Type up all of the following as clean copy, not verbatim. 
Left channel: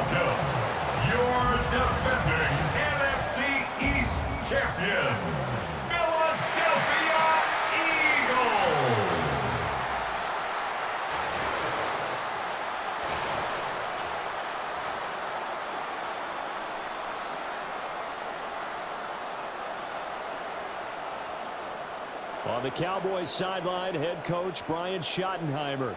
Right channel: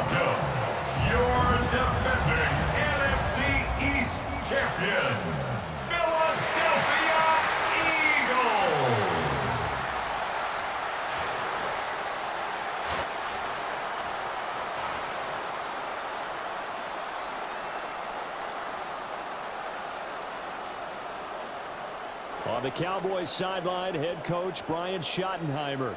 welcome your defending NFC East champion, Philadelphia Eagles. On the Cowboys sideline, head coach Brian Schottenheimer.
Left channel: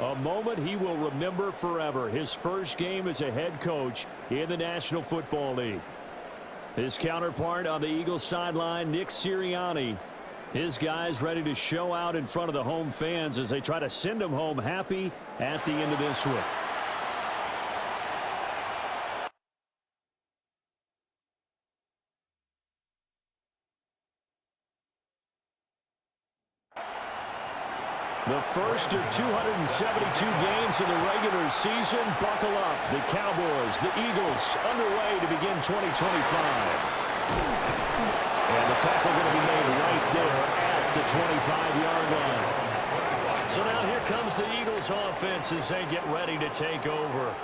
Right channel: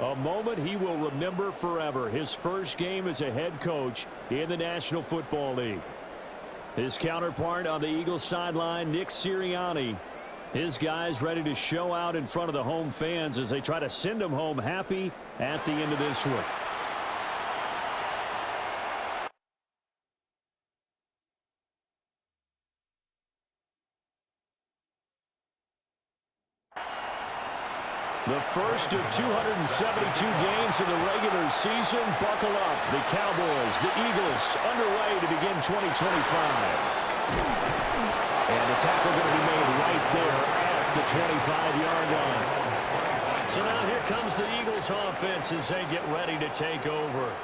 A moment he will remember forever. His first game as a head coach in the National Football League. His counterpart on the Eagles sideline, Nick Sirianni. His guys ready to show out in front of the home fans as they try to send them home happy at the end of this one. The first of 272 games in the regular season. Buckle up. The Cowboys, the Eagles, underway to begin 2025. And the tackle going to be made right there at the 25-yard line. So now here comes the Eagles offense as they get ready to take over.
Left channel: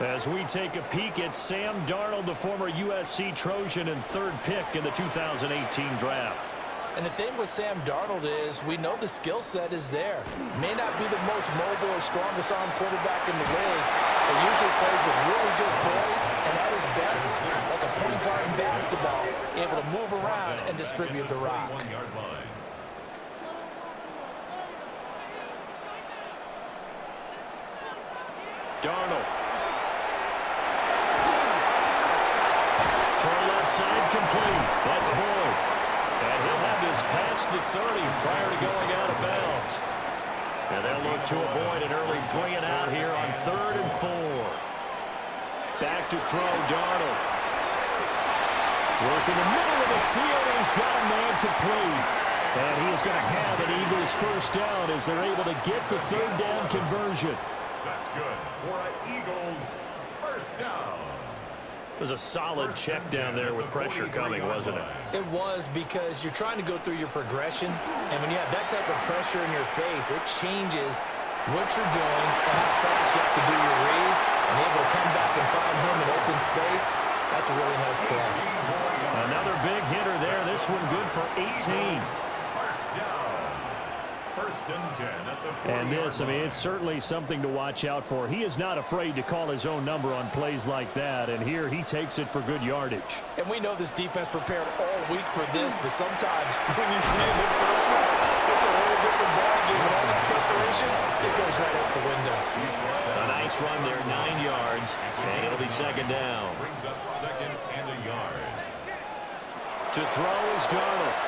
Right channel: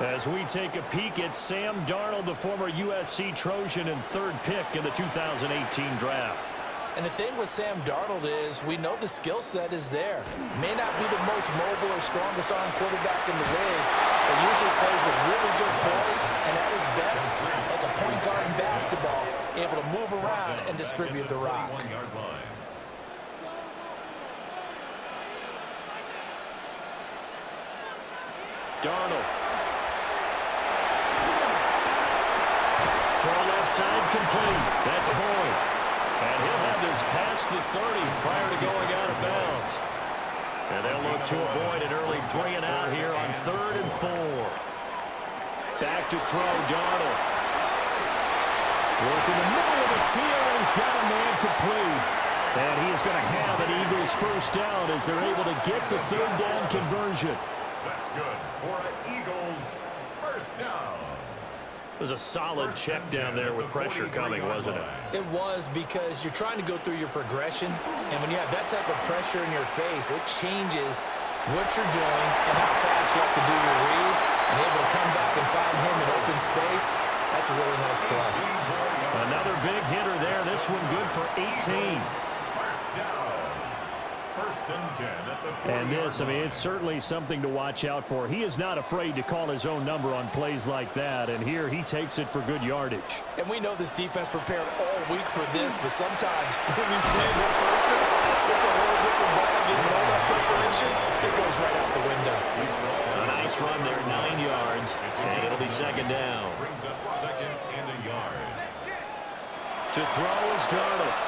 As we take a peek at Sam Darnold, the former USC Trojan and third pick in the 2018 draft. And the thing with Sam Darnold is we know the skill set is there. May not be the most mobile or strongest arm quarterback in the league, but usually plays with really good poise and at his best, like a point guard in basketball, able to move around and distribute the rock. Darnold. Throw left side complete. That's Boyd. And he'll have this past the 30 prior to going out of bounds. And they'll look to avoid an early 3 and out here on 3rd and 4. Back to throw, Darnold. Work in the middle of the field, and he's got a man complete. And he is going to have an Eagles first down as they're able to get the 3rd down conversion. That's good for an Eagles first down. It was a solid check down there with pressure coming, wasn't it? It was, because you're trying to go through your progression, and when you have that type of pressure in your face, it changes what you're doing and how fast you have to do your reads, and able to come back and find him in open space. That's a really nice play. Another big hitter there. This one good for 18. First down. First and 10 at the 40-yard line. And this, I mean, it's certainly something to watch out for. He is not afraid to call his own number on plays like that, and here he takes it for good yardage. And we know this defense prepared all week for this, but sometimes when you see it in person, it's a whole different ballgame. And all that preparation, it goes right out the window. A nice run there, 9 yards, and it'll be 2nd down. Brings up 2nd and a yard. To throw is Darnold.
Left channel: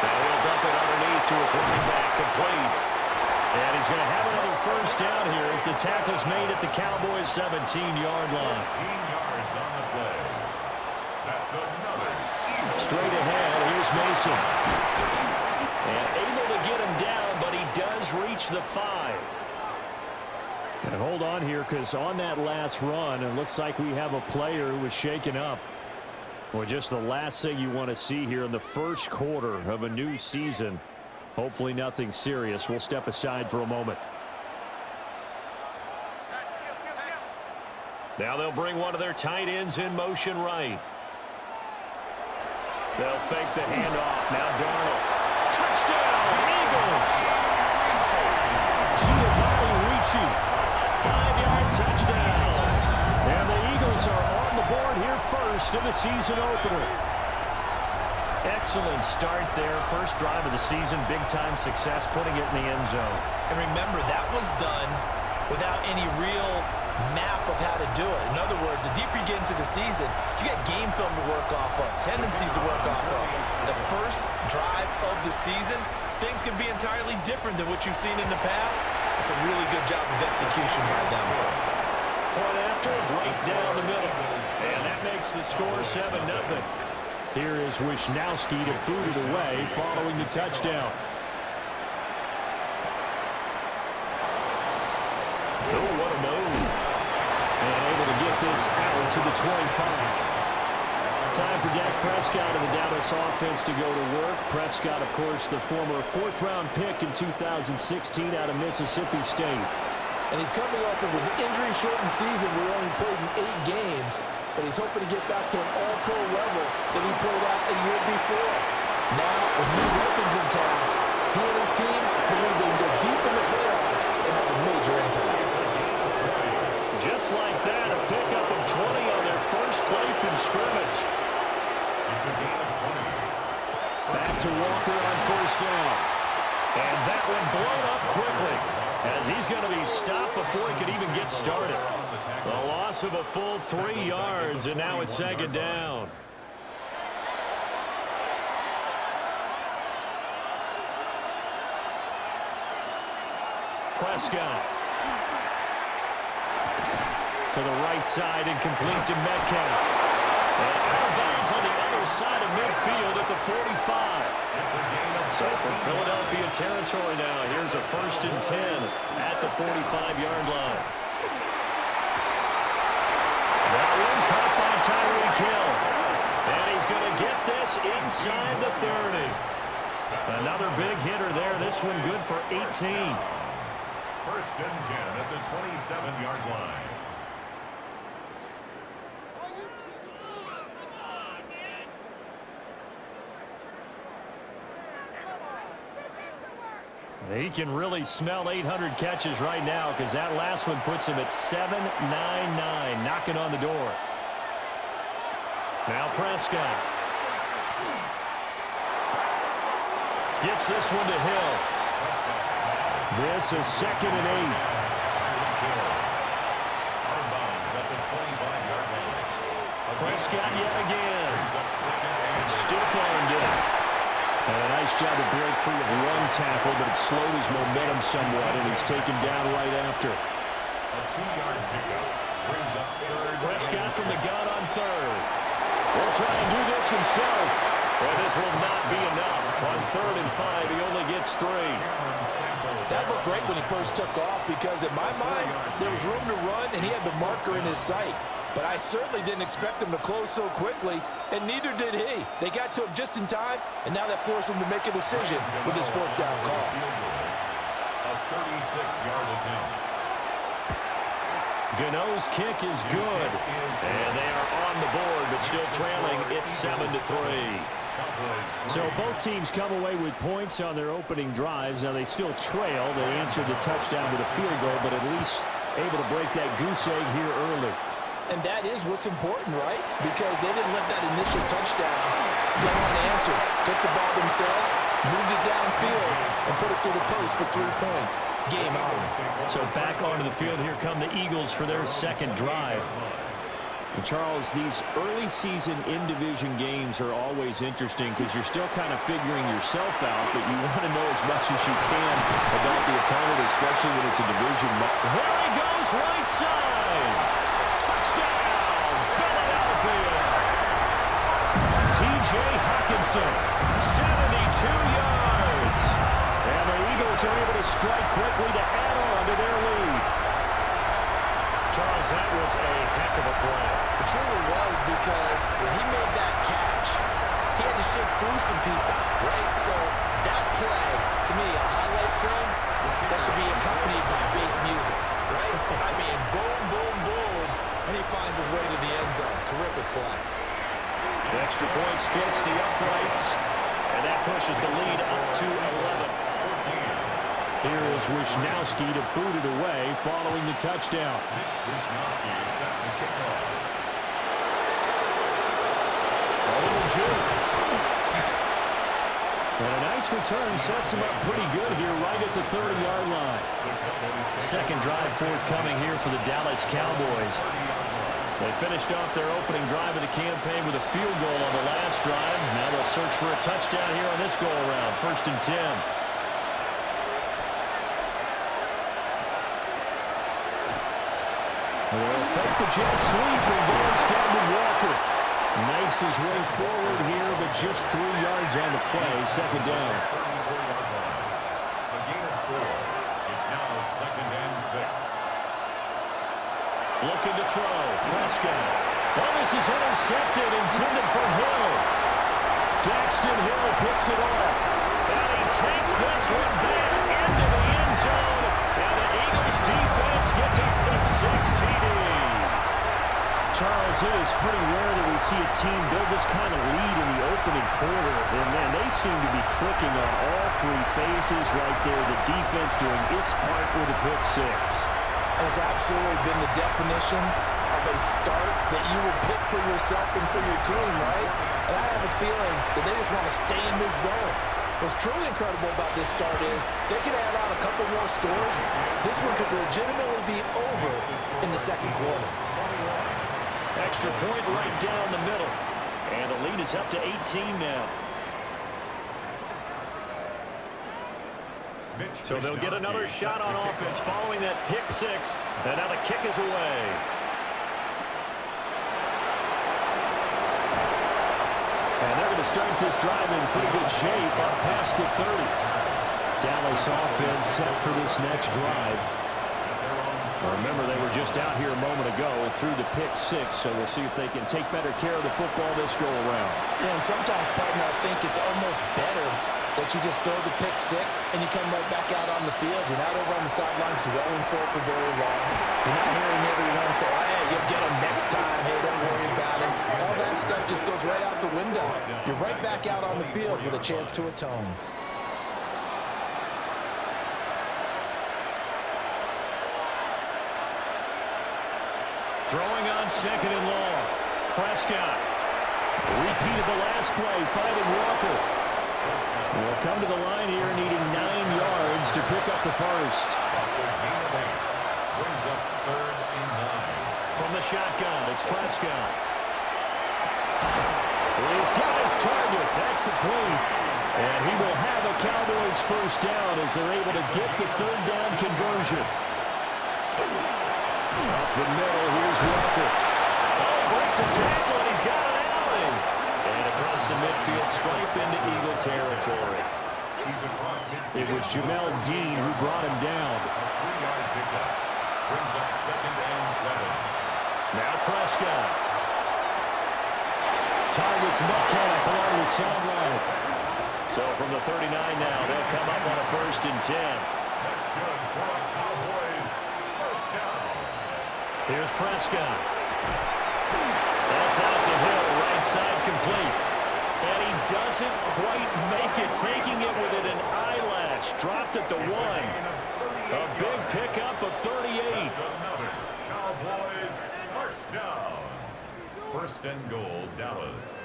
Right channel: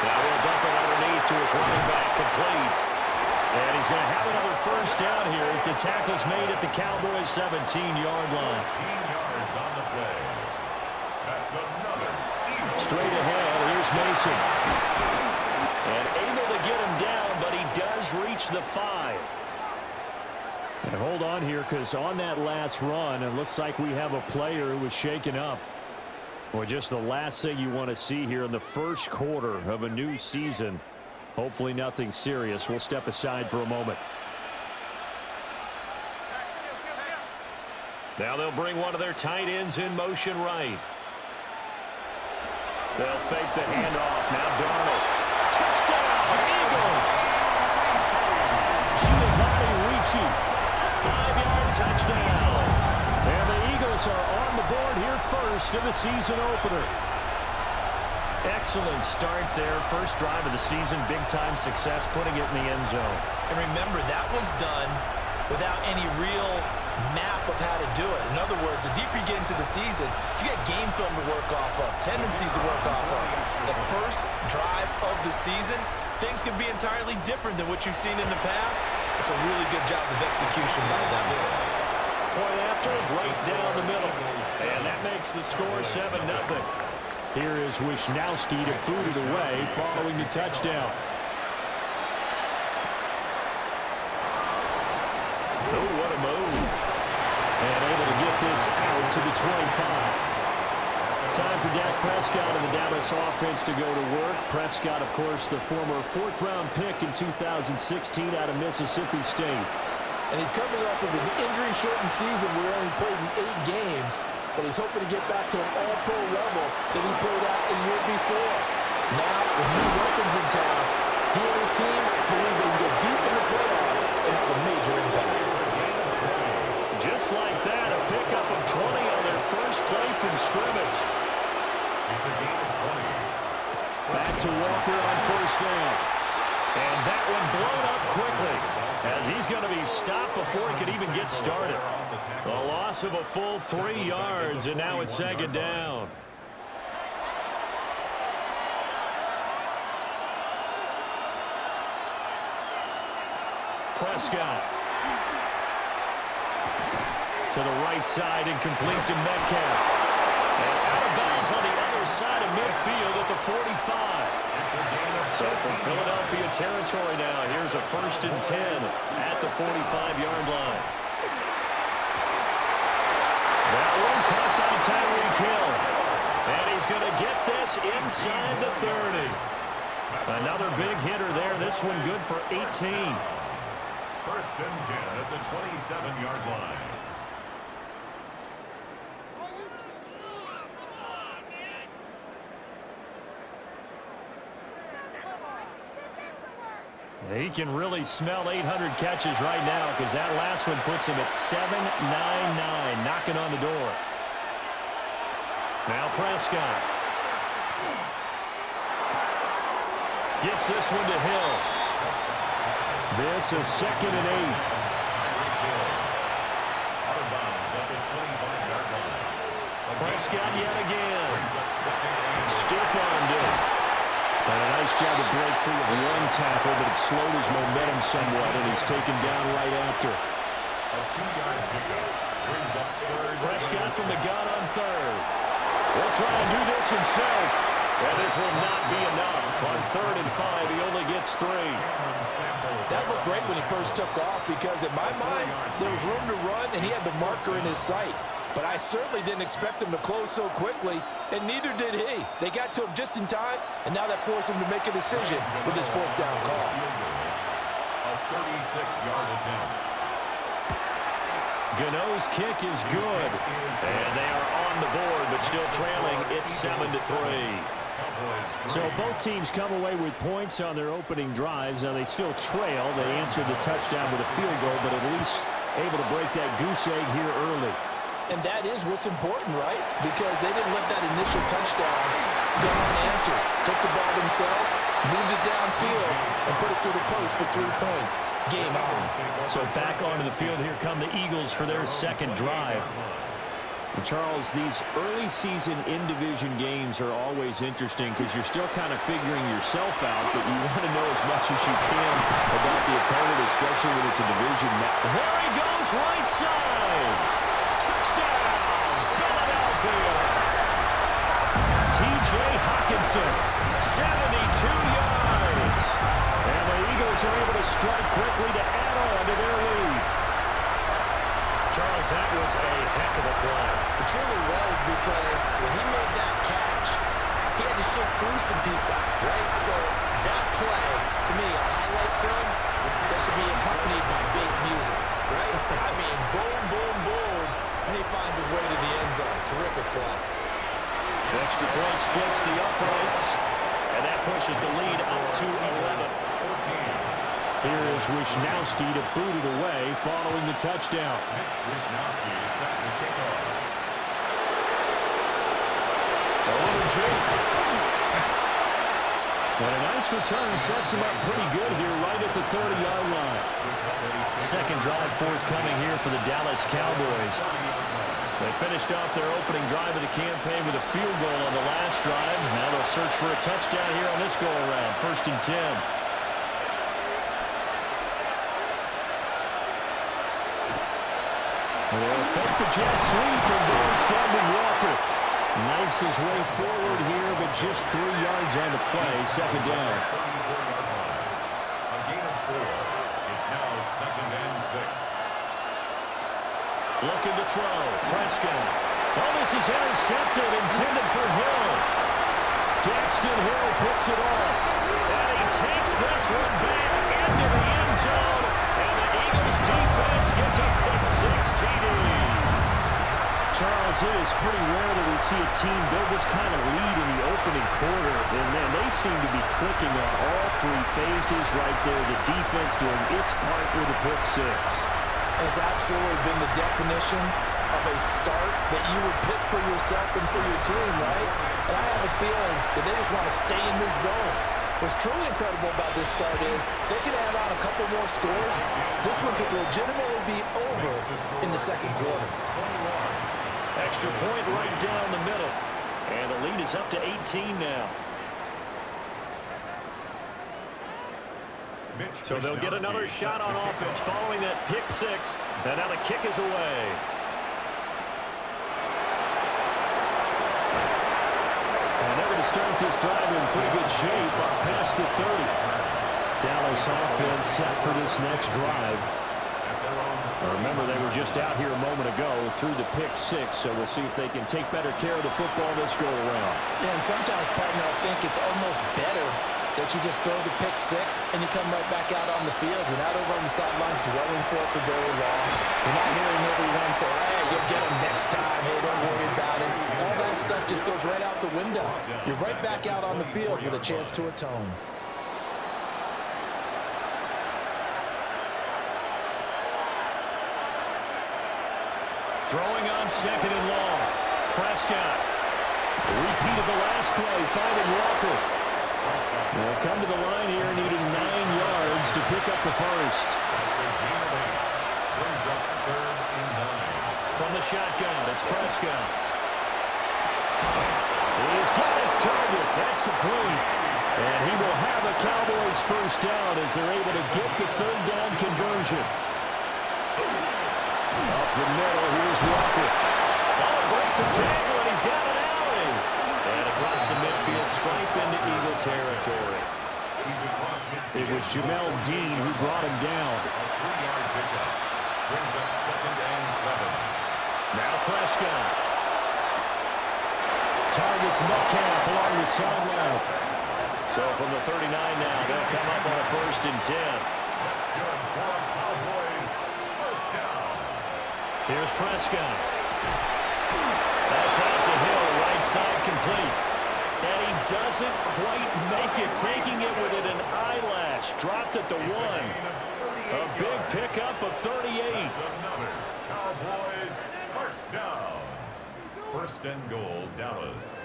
Now he'll dump it underneath to his running back, complete. And he's going to have another first down here as the tackle's made at the Cowboys' 17-yard line. 14 yards on the play. That's another Eagles. Straight ahead, here's Mason. And able to get him down, but he does reach the 5. And hold on here, because on that last run, it looks like we have a player who was shaken up. Well, just the last thing you want to see here in the first quarter of a new season. Hopefully nothing serious. We'll step aside for a moment. Now they'll bring one of their tight ends in motion right. They'll fake the handoff. Now Darnold. Touchdown, Eagles! Giovanni Ricci. 5-yard touchdown. And the Eagles are on the board here first in the season opener. Excellent start there. First drive of the season. Big-time success, putting it in the end zone. And remember, that was done without any real map of how to do it. In other words, the deeper you get into the season, you get game film to work off of, tendencies to work off of. The first drive of the season, things can be entirely different than what you've seen in the past. It's a really good job of execution by them. Point after, right down the middle. And that makes the score 7-0. Here is Wisnowski to boot it away following the touchdown. Oh, what a move. And able to get this out to the 25. Time for Dak Prescott and the Dallas offense to go to work. Prescott, of course, the former 4th-round pick in 2016 out of Mississippi State. And he's coming off of an injury-shortened season where he only played in 8 games, but he's hoping to get back to an all-pro level that he played at a year before. Now, with new weapons in town, he and his team believe they can go deep in the playoffs and have a major impact. Just like that, a pickup of 20 on their first play from scrimmage. It's a gain of 20. Back to Walker on first down. And that one blown up quickly, as he's going to be stopped before he could even get started. A loss of a full 3 yards, and now it's second down. Prescott. To the right side, incomplete to Metcalf. And out of bounds on the other side of midfield at the 45. So from Philadelphia territory now, here's a 1st and 10 at the 45-yard line. That one caught by Tyreek Hill. And he's going to get this inside the 30. Another big hitter there. This one good for 18. 1st and 10 at the 27-yard line. He can really smell 800 catches right now, because that last one puts him at 799, knocking on the door. Now Prescott. Gets this one to Hill. This is 2nd and 8. Out of bounds at the 25-yard line. Prescott yet again. Stiff-armed it. And a nice job to break free of one tackle, but it slowed his momentum somewhat, and he's taken down right after. A 2-yard pickup brings up 3rd. Prescott from the gun on 3rd. Will try and do this himself. And this will not be enough. On 3rd and 5, he only gets 3. That looked great when he first took off, because in my mind, there was room to run, and he had the marker in his sight. But I certainly didn't expect him to close so quickly, and neither did he. They got to him just in time, and now that forced him to make a decision with his 4th down call. A 36-yard attempt. Gano's kick is good, and they are on the board, but still trailing. It's 7-3. So both teams come away with points on their opening drives. Now they still trail. They answered the touchdown with a field goal, but at least able to break that goose egg here early. And that is what's important, right? Because they didn't let that initial touchdown go unanswered. Took the ball themselves, moved it downfield, and put it through the post for 3 points. Game on. So back onto the field, here come the Eagles for their 2nd drive. And Charles, these early season in-division games are always interesting because you're still kind of figuring yourself out, but you want to know as much as you can about the opponent, especially when it's a division match. There he goes, right side. Touchdown, Philadelphia. TJ Hockenson, 72 yards. And the Eagles are able to strike quickly to add on to their lead. Charles, that was a heck of a play. It truly was, because when he made that catch, he had to shake through some people, right? So that play, to me, a highlight film, that should be accompanied by bass music, right? I mean, boom, boom, boom, and he finds his way to the end zone. Terrific play. The extra point splits the uprights, and that pushes the lead up to 11. 14. Here is Wishnowski to boot it away following the touchdown. Wishnowski is set to kick off. A little juke. And a nice return sets him up pretty good here right at the 30-yard line. 2nd drive forthcoming here for the Dallas Cowboys. They finished off their opening drive of the campaign with a field goal on the last drive. Now they'll search for a touchdown here on this go-around. 1st and 10. They'll fake the jet sweep and go instead with Walker. Knifes his way forward here, but just 3 yards on the play. 2nd down. A gain of 4. It's now 2nd and 6. Looking to throw. Prescott. Oh, this is intercepted, intended for Hill. Daxton Hill picks it off. And he takes this one back into the end zone. And the Eagles defense gets a pick-6 TD. Charles, it is pretty rare that we see a team build this kind of lead in the opening quarter. And, man, they seem to be clicking on all three phases right there. The defense doing its part with a pick-6. And it's absolutely been the definition of a start that you would pick for yourself and for your team, right? And I have a feeling that they just want to stay in this zone. What's truly incredible about this start is they can add on a couple more scores. This one could legitimately be over in the second quarter. Extra point right down the middle. And the lead is up to 18 now. So they'll get another shot on offense following that pick-6. And now the kick is away. And they're going to start this drive in pretty good shape up past the 30. Dallas offense set for this next drive. Remember, they were just out here a moment ago through the pick-6, so we'll see if they can take better care of the football this go-around. Yeah, and sometimes, partner, I think it's almost better that you just throw the pick-6 and you come right back out on the field. You're not over on the sidelines dwelling for it for very long. You're not hearing everyone say, hey, you'll get them next time. Hey, don't worry about it. All that stuff just goes right out the window. You're right back out on the field with a chance to atone. Throwing on second and long. Prescott. Repeat of the last play, finding Walker. They'll come to the line here needing 9 yards to pick up the first. That's a gain of 8. Brings up 3rd and 9. From the shotgun, it's Prescott. He's got his target. That's complete. And he will have a Cowboys first down as they're able to get the 3rd down conversion. Up the middle, here's Walker. Oh, breaks a tackle, and he's got an alley. And across the midfield, stripe into Eagle territory. It was Jamel Dean who brought him down. A 3-yard pickup. Brings up 2nd and 7. Now Prescott. Targets Metcalf along the sideline. So from the 39 now, they'll come up on a 1st and 10. That's good for a Cowboys first down. Here's Prescott. That's out to Hill, right side complete. And he doesn't quite make it, taking it with an eyelash. Dropped at the 1. A big pickup of 38. That's another Cowboys first down. 1st and goal, Dallas.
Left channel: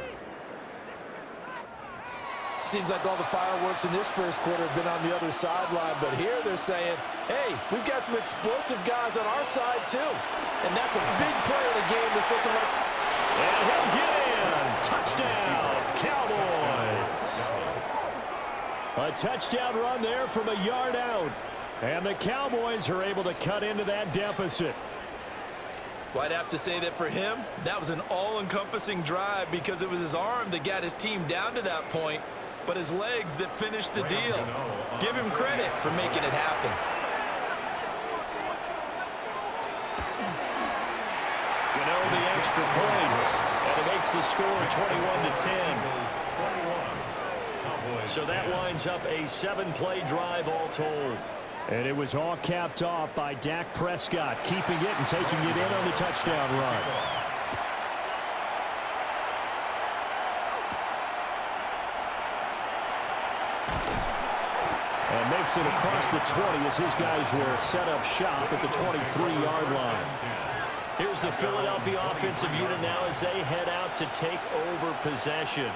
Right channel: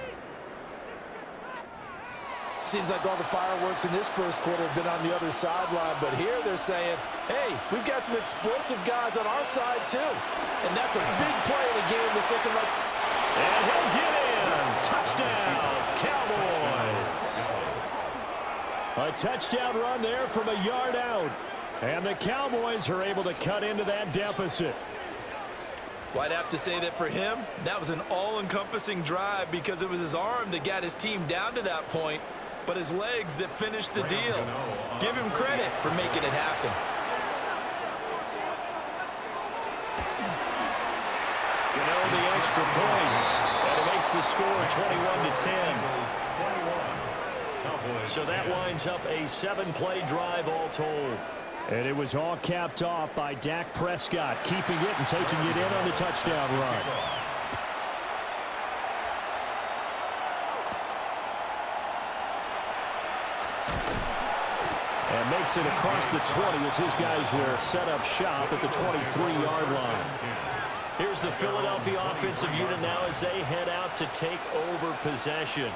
Seems like all the fireworks in this first quarter have been on the other sideline, but here they're saying, hey, we've got some explosive guys on our side too. And that's a big play in a game that's looking like... And he'll get in. Touchdown, Cowboys. A touchdown run there from a yard out. And the Cowboys are able to cut into that deficit. Well, I'd have to say that for him, that was an all-encompassing drive because it was his arm that got his team down to that point, but his legs that finished the deal. Give him credit for making it happen. Gano the extra point, and it makes the score 21-10. So that winds up a 7-play drive all told. And it was all capped off by Dak Prescott, keeping it and taking it in on the touchdown run. And makes it across the 20 as his guys will set up shop at the 23-yard line. Here's the Philadelphia offensive unit now as they head out to take over possession.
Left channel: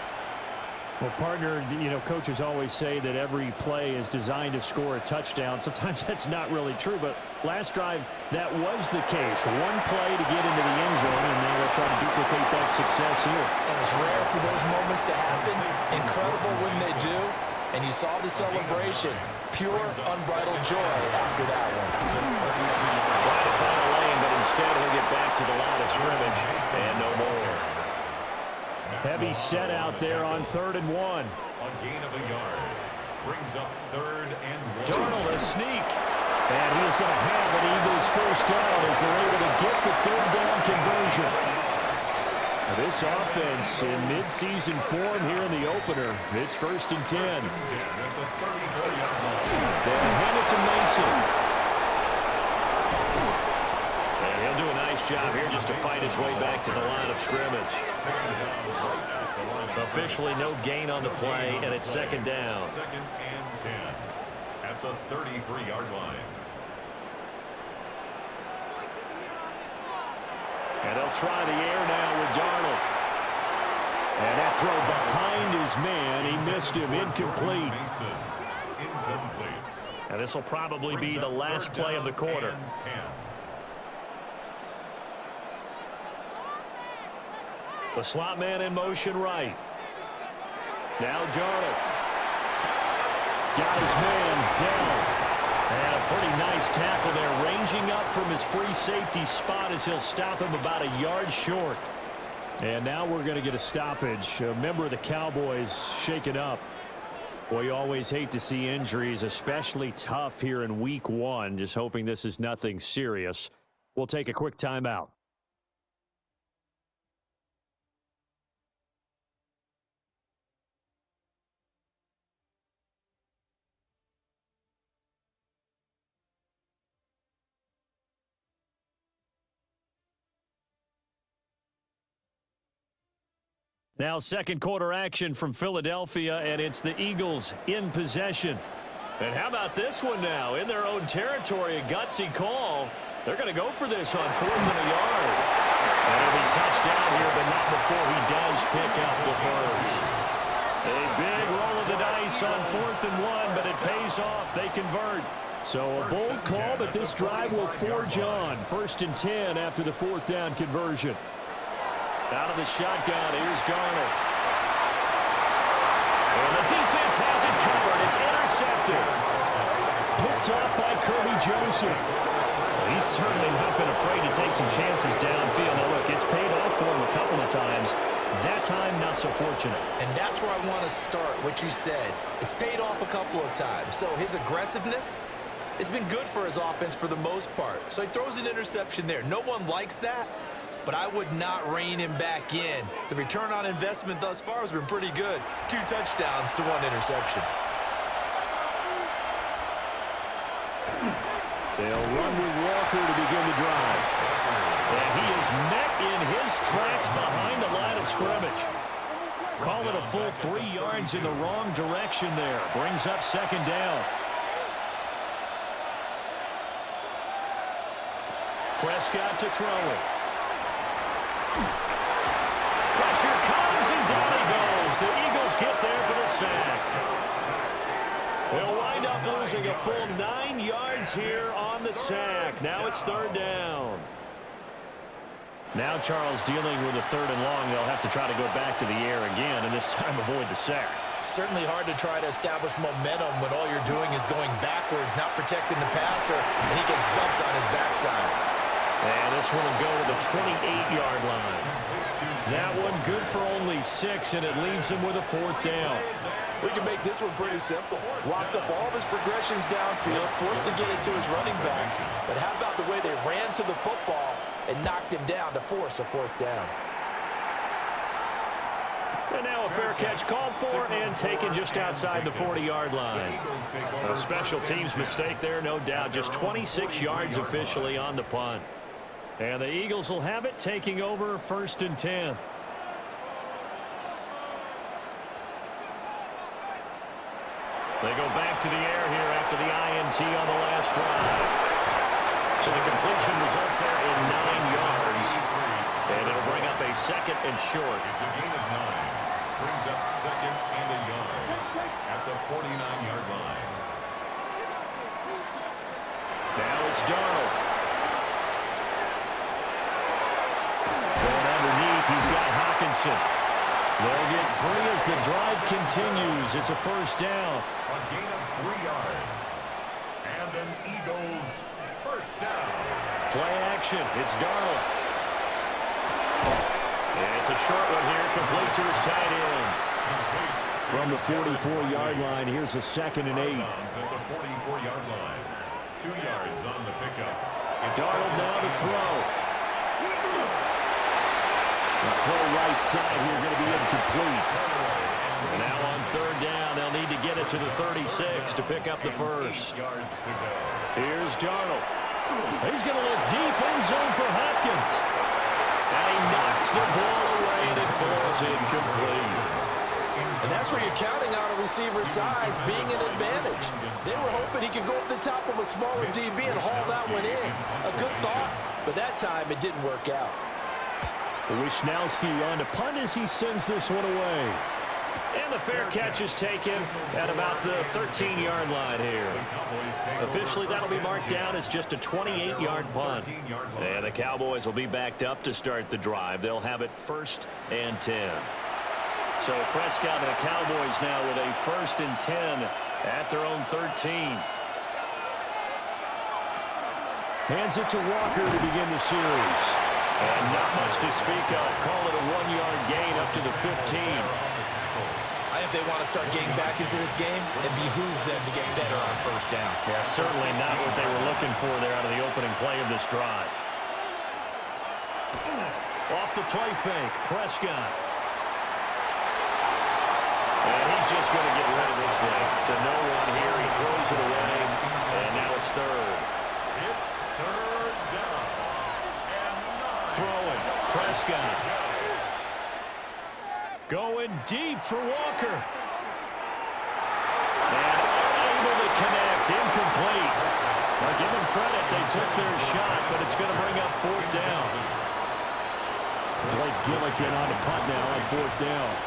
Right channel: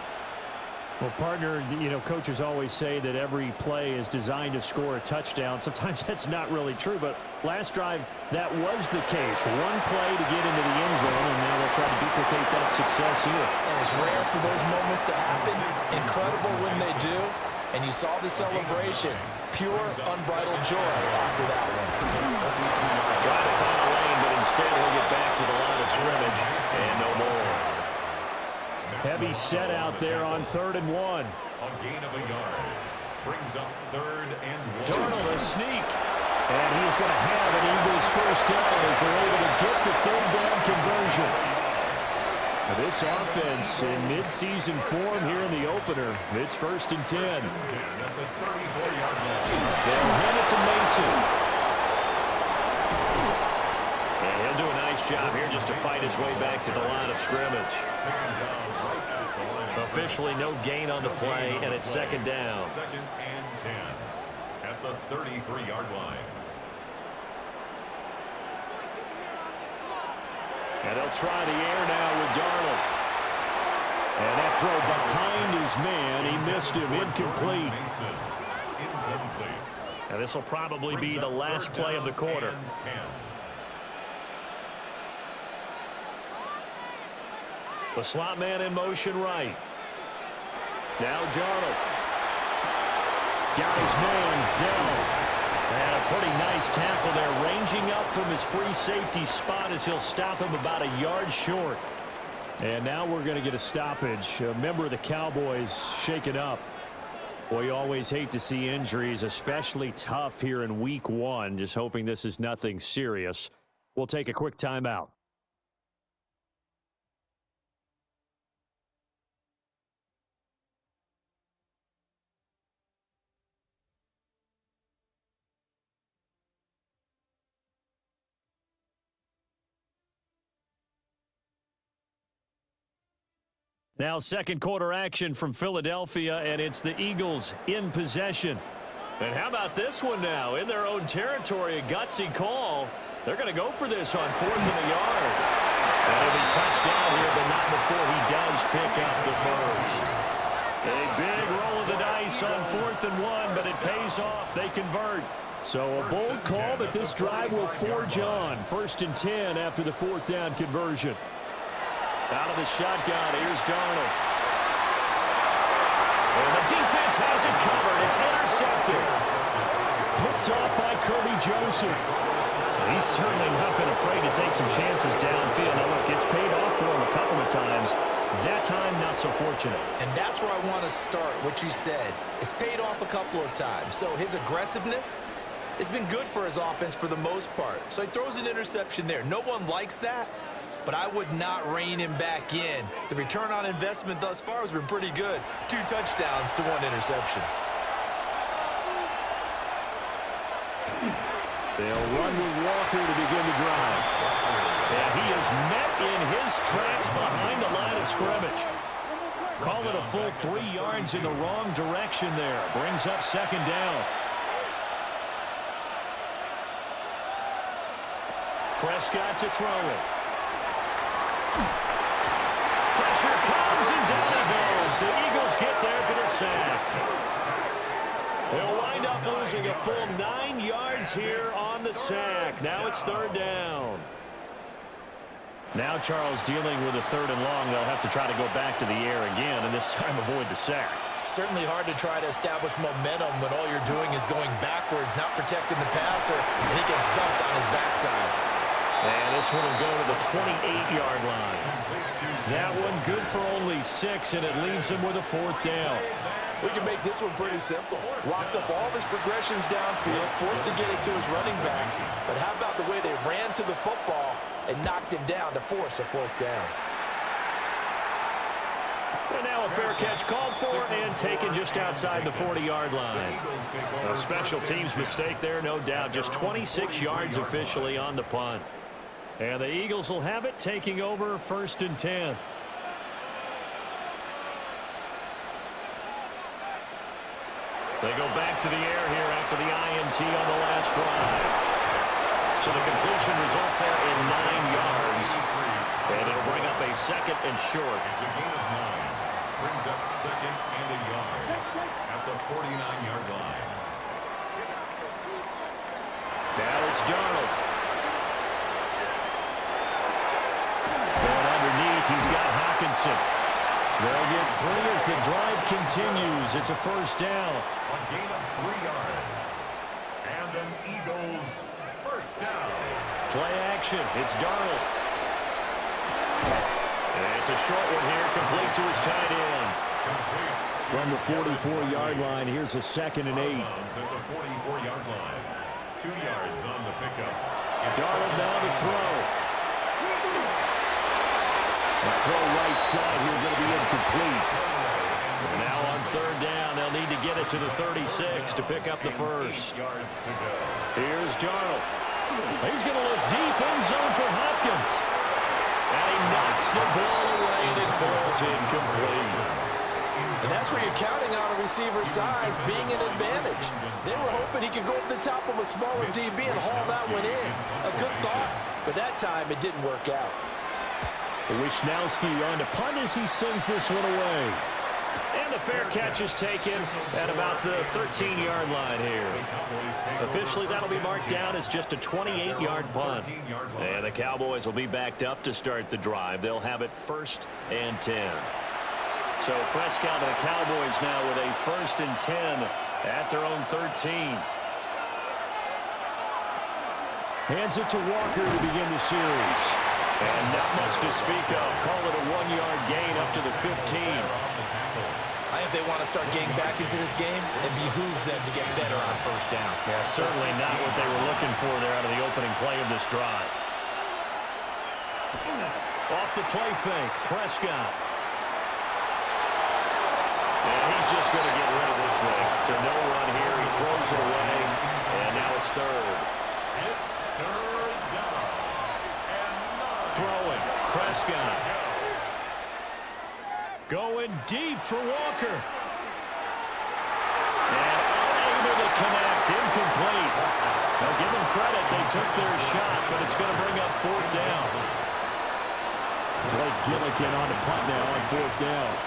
Well, partner, you know, coaches always say that every play is designed to score a touchdown. Sometimes that's not really true, but last drive, that was the case. One play to get into the end zone, and now they'll try to duplicate that success here. And it's rare for those moments to happen. Incredible when they do. And you saw the celebration. Pure, unbridled joy after that one. Trying to find a lane, but instead he'll get back to the line of scrimmage and no more. Heavy set out there on 3rd and 1. A gain of a yard. Brings up 3rd and 1. Darnold a sneak. And he is going to have an Eagles first down as they're able to get the 3rd down conversion. Now this offense in midseason form here in the opener. It's 1st and 10. At the 34-yard line. They'll hand it to Mason. He'll do a nice job here just to fight his way back to the line of scrimmage. Officially no gain on the play, and it's second down. Second and 10 at the 33-yard line. And they'll try the air now with Darnold. And that throw behind his man. He missed him. Incomplete. And this will probably be the last play of the quarter. The slot man in motion right. Now Darnold. Got his man down. And a pretty nice tackle there, ranging up from his free safety spot as he'll stop him about a yard short. And now we're going to get a stoppage. A member of the Cowboys shaken up. Well, you always hate to see injuries, especially tough here in week 1. Just hoping this is nothing serious. We'll take a quick timeout. Now second quarter action from Philadelphia, and it's the Eagles in possession. And how about this one now? In their own territory, a gutsy call. They're going to go for this on 4th and a yard. And it'll be touchdown here, but not before he does pick up the first. A big roll of the dice on 4th and 1, but it pays off. They convert. So a bold call, but this drive will forge on. 1st and 10 after the 4th down conversion. Out of the shotgun, here's Darnold. And the defense has it covered. It's intercepted. Picked off by Kirby Joseph. He's certainly not been afraid to take some chances downfield. Now, look, it's paid off for him a couple of times. That time, not so fortunate. And that's where I want to start, what you said. It's paid off a couple of times. So his aggressiveness has been good for his offense for the most part. So he throws an interception there. No one likes that. But I would not rein him back in. The return on investment thus far has been pretty good. 2 touchdowns to 1 interception. They'll run with Walker to begin the drive. And he is met in his tracks behind the line of scrimmage. Call it a full 3 yards in the wrong direction there. Brings up second down. Prescott to throw it. Pressure comes, and down he goes. The Eagles get there for the sack. They'll wind up losing a full 9 yards here on the sack. Now it's 3rd down. Now Charles dealing with a 3rd and long. They'll have to try to go back to the air again, and this time avoid the sack. Certainly hard to try to establish momentum when all you're doing is going backwards, not protecting the passer, and he gets dumped on his backside. And this one will go to the 28-yard line. That one good for only 6, and it leaves him with a 4th down. We can make this one pretty simple. Locked up all of his progressions downfield, forced to get it to his running back. But how about the way they ran to the football and knocked him down to force a 4th down? And now a fair catch called for and taken just outside the 40-yard line. A special teams mistake there, no doubt. Just 26 yards officially on the punt. And the Eagles will have it, taking over 1st and 10. They go back to the air here after the INT on the last drive. So the completion results there in 9 yards. And it'll bring up a 2nd and short. It's a gain of 9. Brings up 2nd and a yard at the 49-yard line. Now it's Darnold. Going underneath, he's got Hockenson. They'll get 3 as the drive continues. It's a 1st down. A gain of 3 yards. And an Eagles 1st down. Play action. It's Darnold. It's a short one here, complete to his tight end. From the 44-yard line, here's a 2nd and 8. At the 44-yard line. 2 yards on the pickup. Darnold now to throw. The throw right side here going to be incomplete. And now on 3rd down, they'll need to get it to the 36 to pick up the first. Yards to go. Here's Darnold. He's going to look deep end zone for Hopkins. And he knocks the ball away, and it falls incomplete. And that's where you're counting on a receiver's size being an advantage. They were hoping he could go over the top of a smaller DB and haul that one in. A good thought, but that time it didn't work out. Wisnowski on to punt as he sends this one away. And the fair catch is taken at about the 13-yard line here. Officially, that'll be marked down as just a 28-yard punt. And the Cowboys will be backed up to start the drive. They'll have it 1st and 10. So Prescott and the Cowboys now with a 1st and 10 at their own 13. Hands it to Walker to begin the series. And not much to speak of. Call it a 1-yard gain up to the 15. I think they want to start getting back into this game. It behooves them to get better on 1st down. Yeah, certainly not what they were looking for there out of the opening play of this drive. Off the play fake, Prescott. And he's just going to get rid of this thing. To no one here, he throws it away, and now it's 3rd. It's 3rd down. Throwing, Prescott. Going deep for Walker. And unable to connect, incomplete. Now give them credit, they took their shot, but it's going to bring up 4th down. Blake Gillikin on to punt now on 4th down.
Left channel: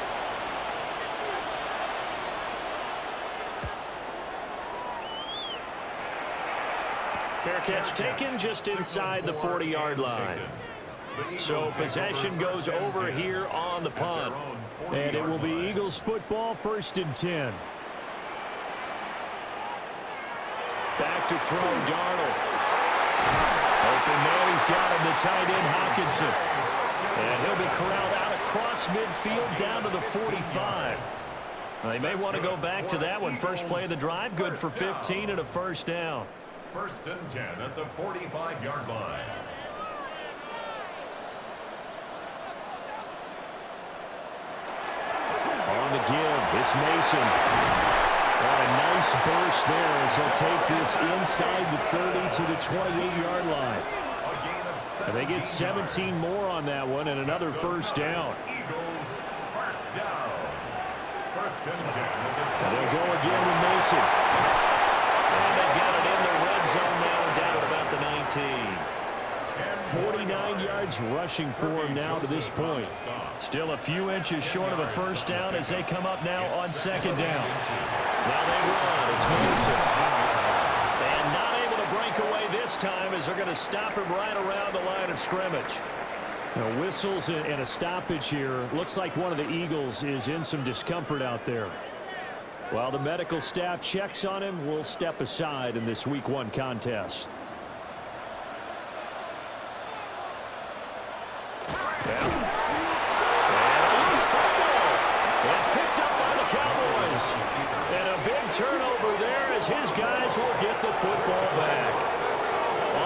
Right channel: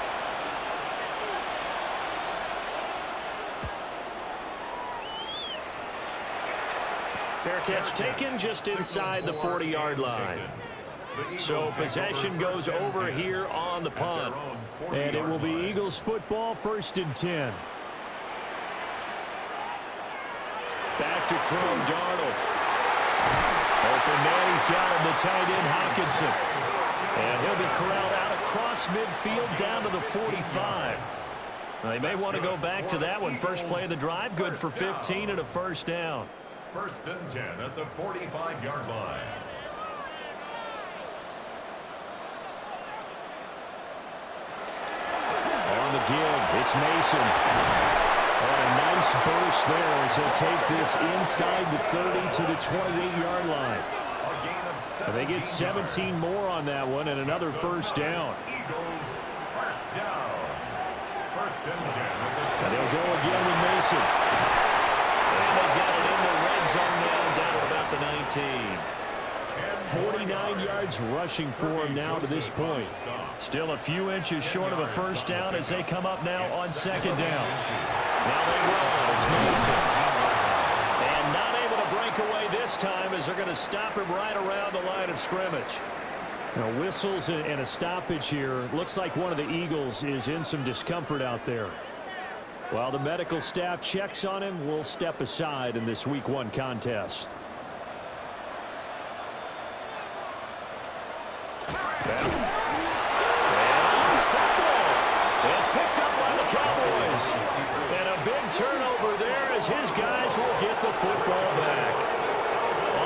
Fair catch taken just inside the 40-yard line. So possession goes over here on the punt. And it will be Eagles football, 1st and 10. Back to throw, Darnold. Open man, he's got him, the tight end, Hockenson. And he'll be corralled out across midfield down to the 45. They may want to go back to that one. First play of the drive, good for 15 and a 1st down. 1st and 10 at the 45-yard line. On the give, it's Mason. On a nice burst there as he'll take this inside the 30 to the 28-yard line. And they get 17 more on that one and another 1st down. Eagles 1st down. 1st and 10. And they'll go again with Mason. And they've got it in the red zone now, down at about the 19. 49 yards rushing for him now to this point. Still a few inches short of a 1st down as they come up now on 2nd down. Now they run. It's Mason. And not able to break away this time as they're going to stop him right around the line of scrimmage. Now whistles and a stoppage here. Looks like one of the Eagles is in some discomfort out there. While the medical staff checks on him, we'll step aside in this Week 1 contest. And a loose football. It's picked up by the Cowboys. And a big turnover there as his guys will get the football back.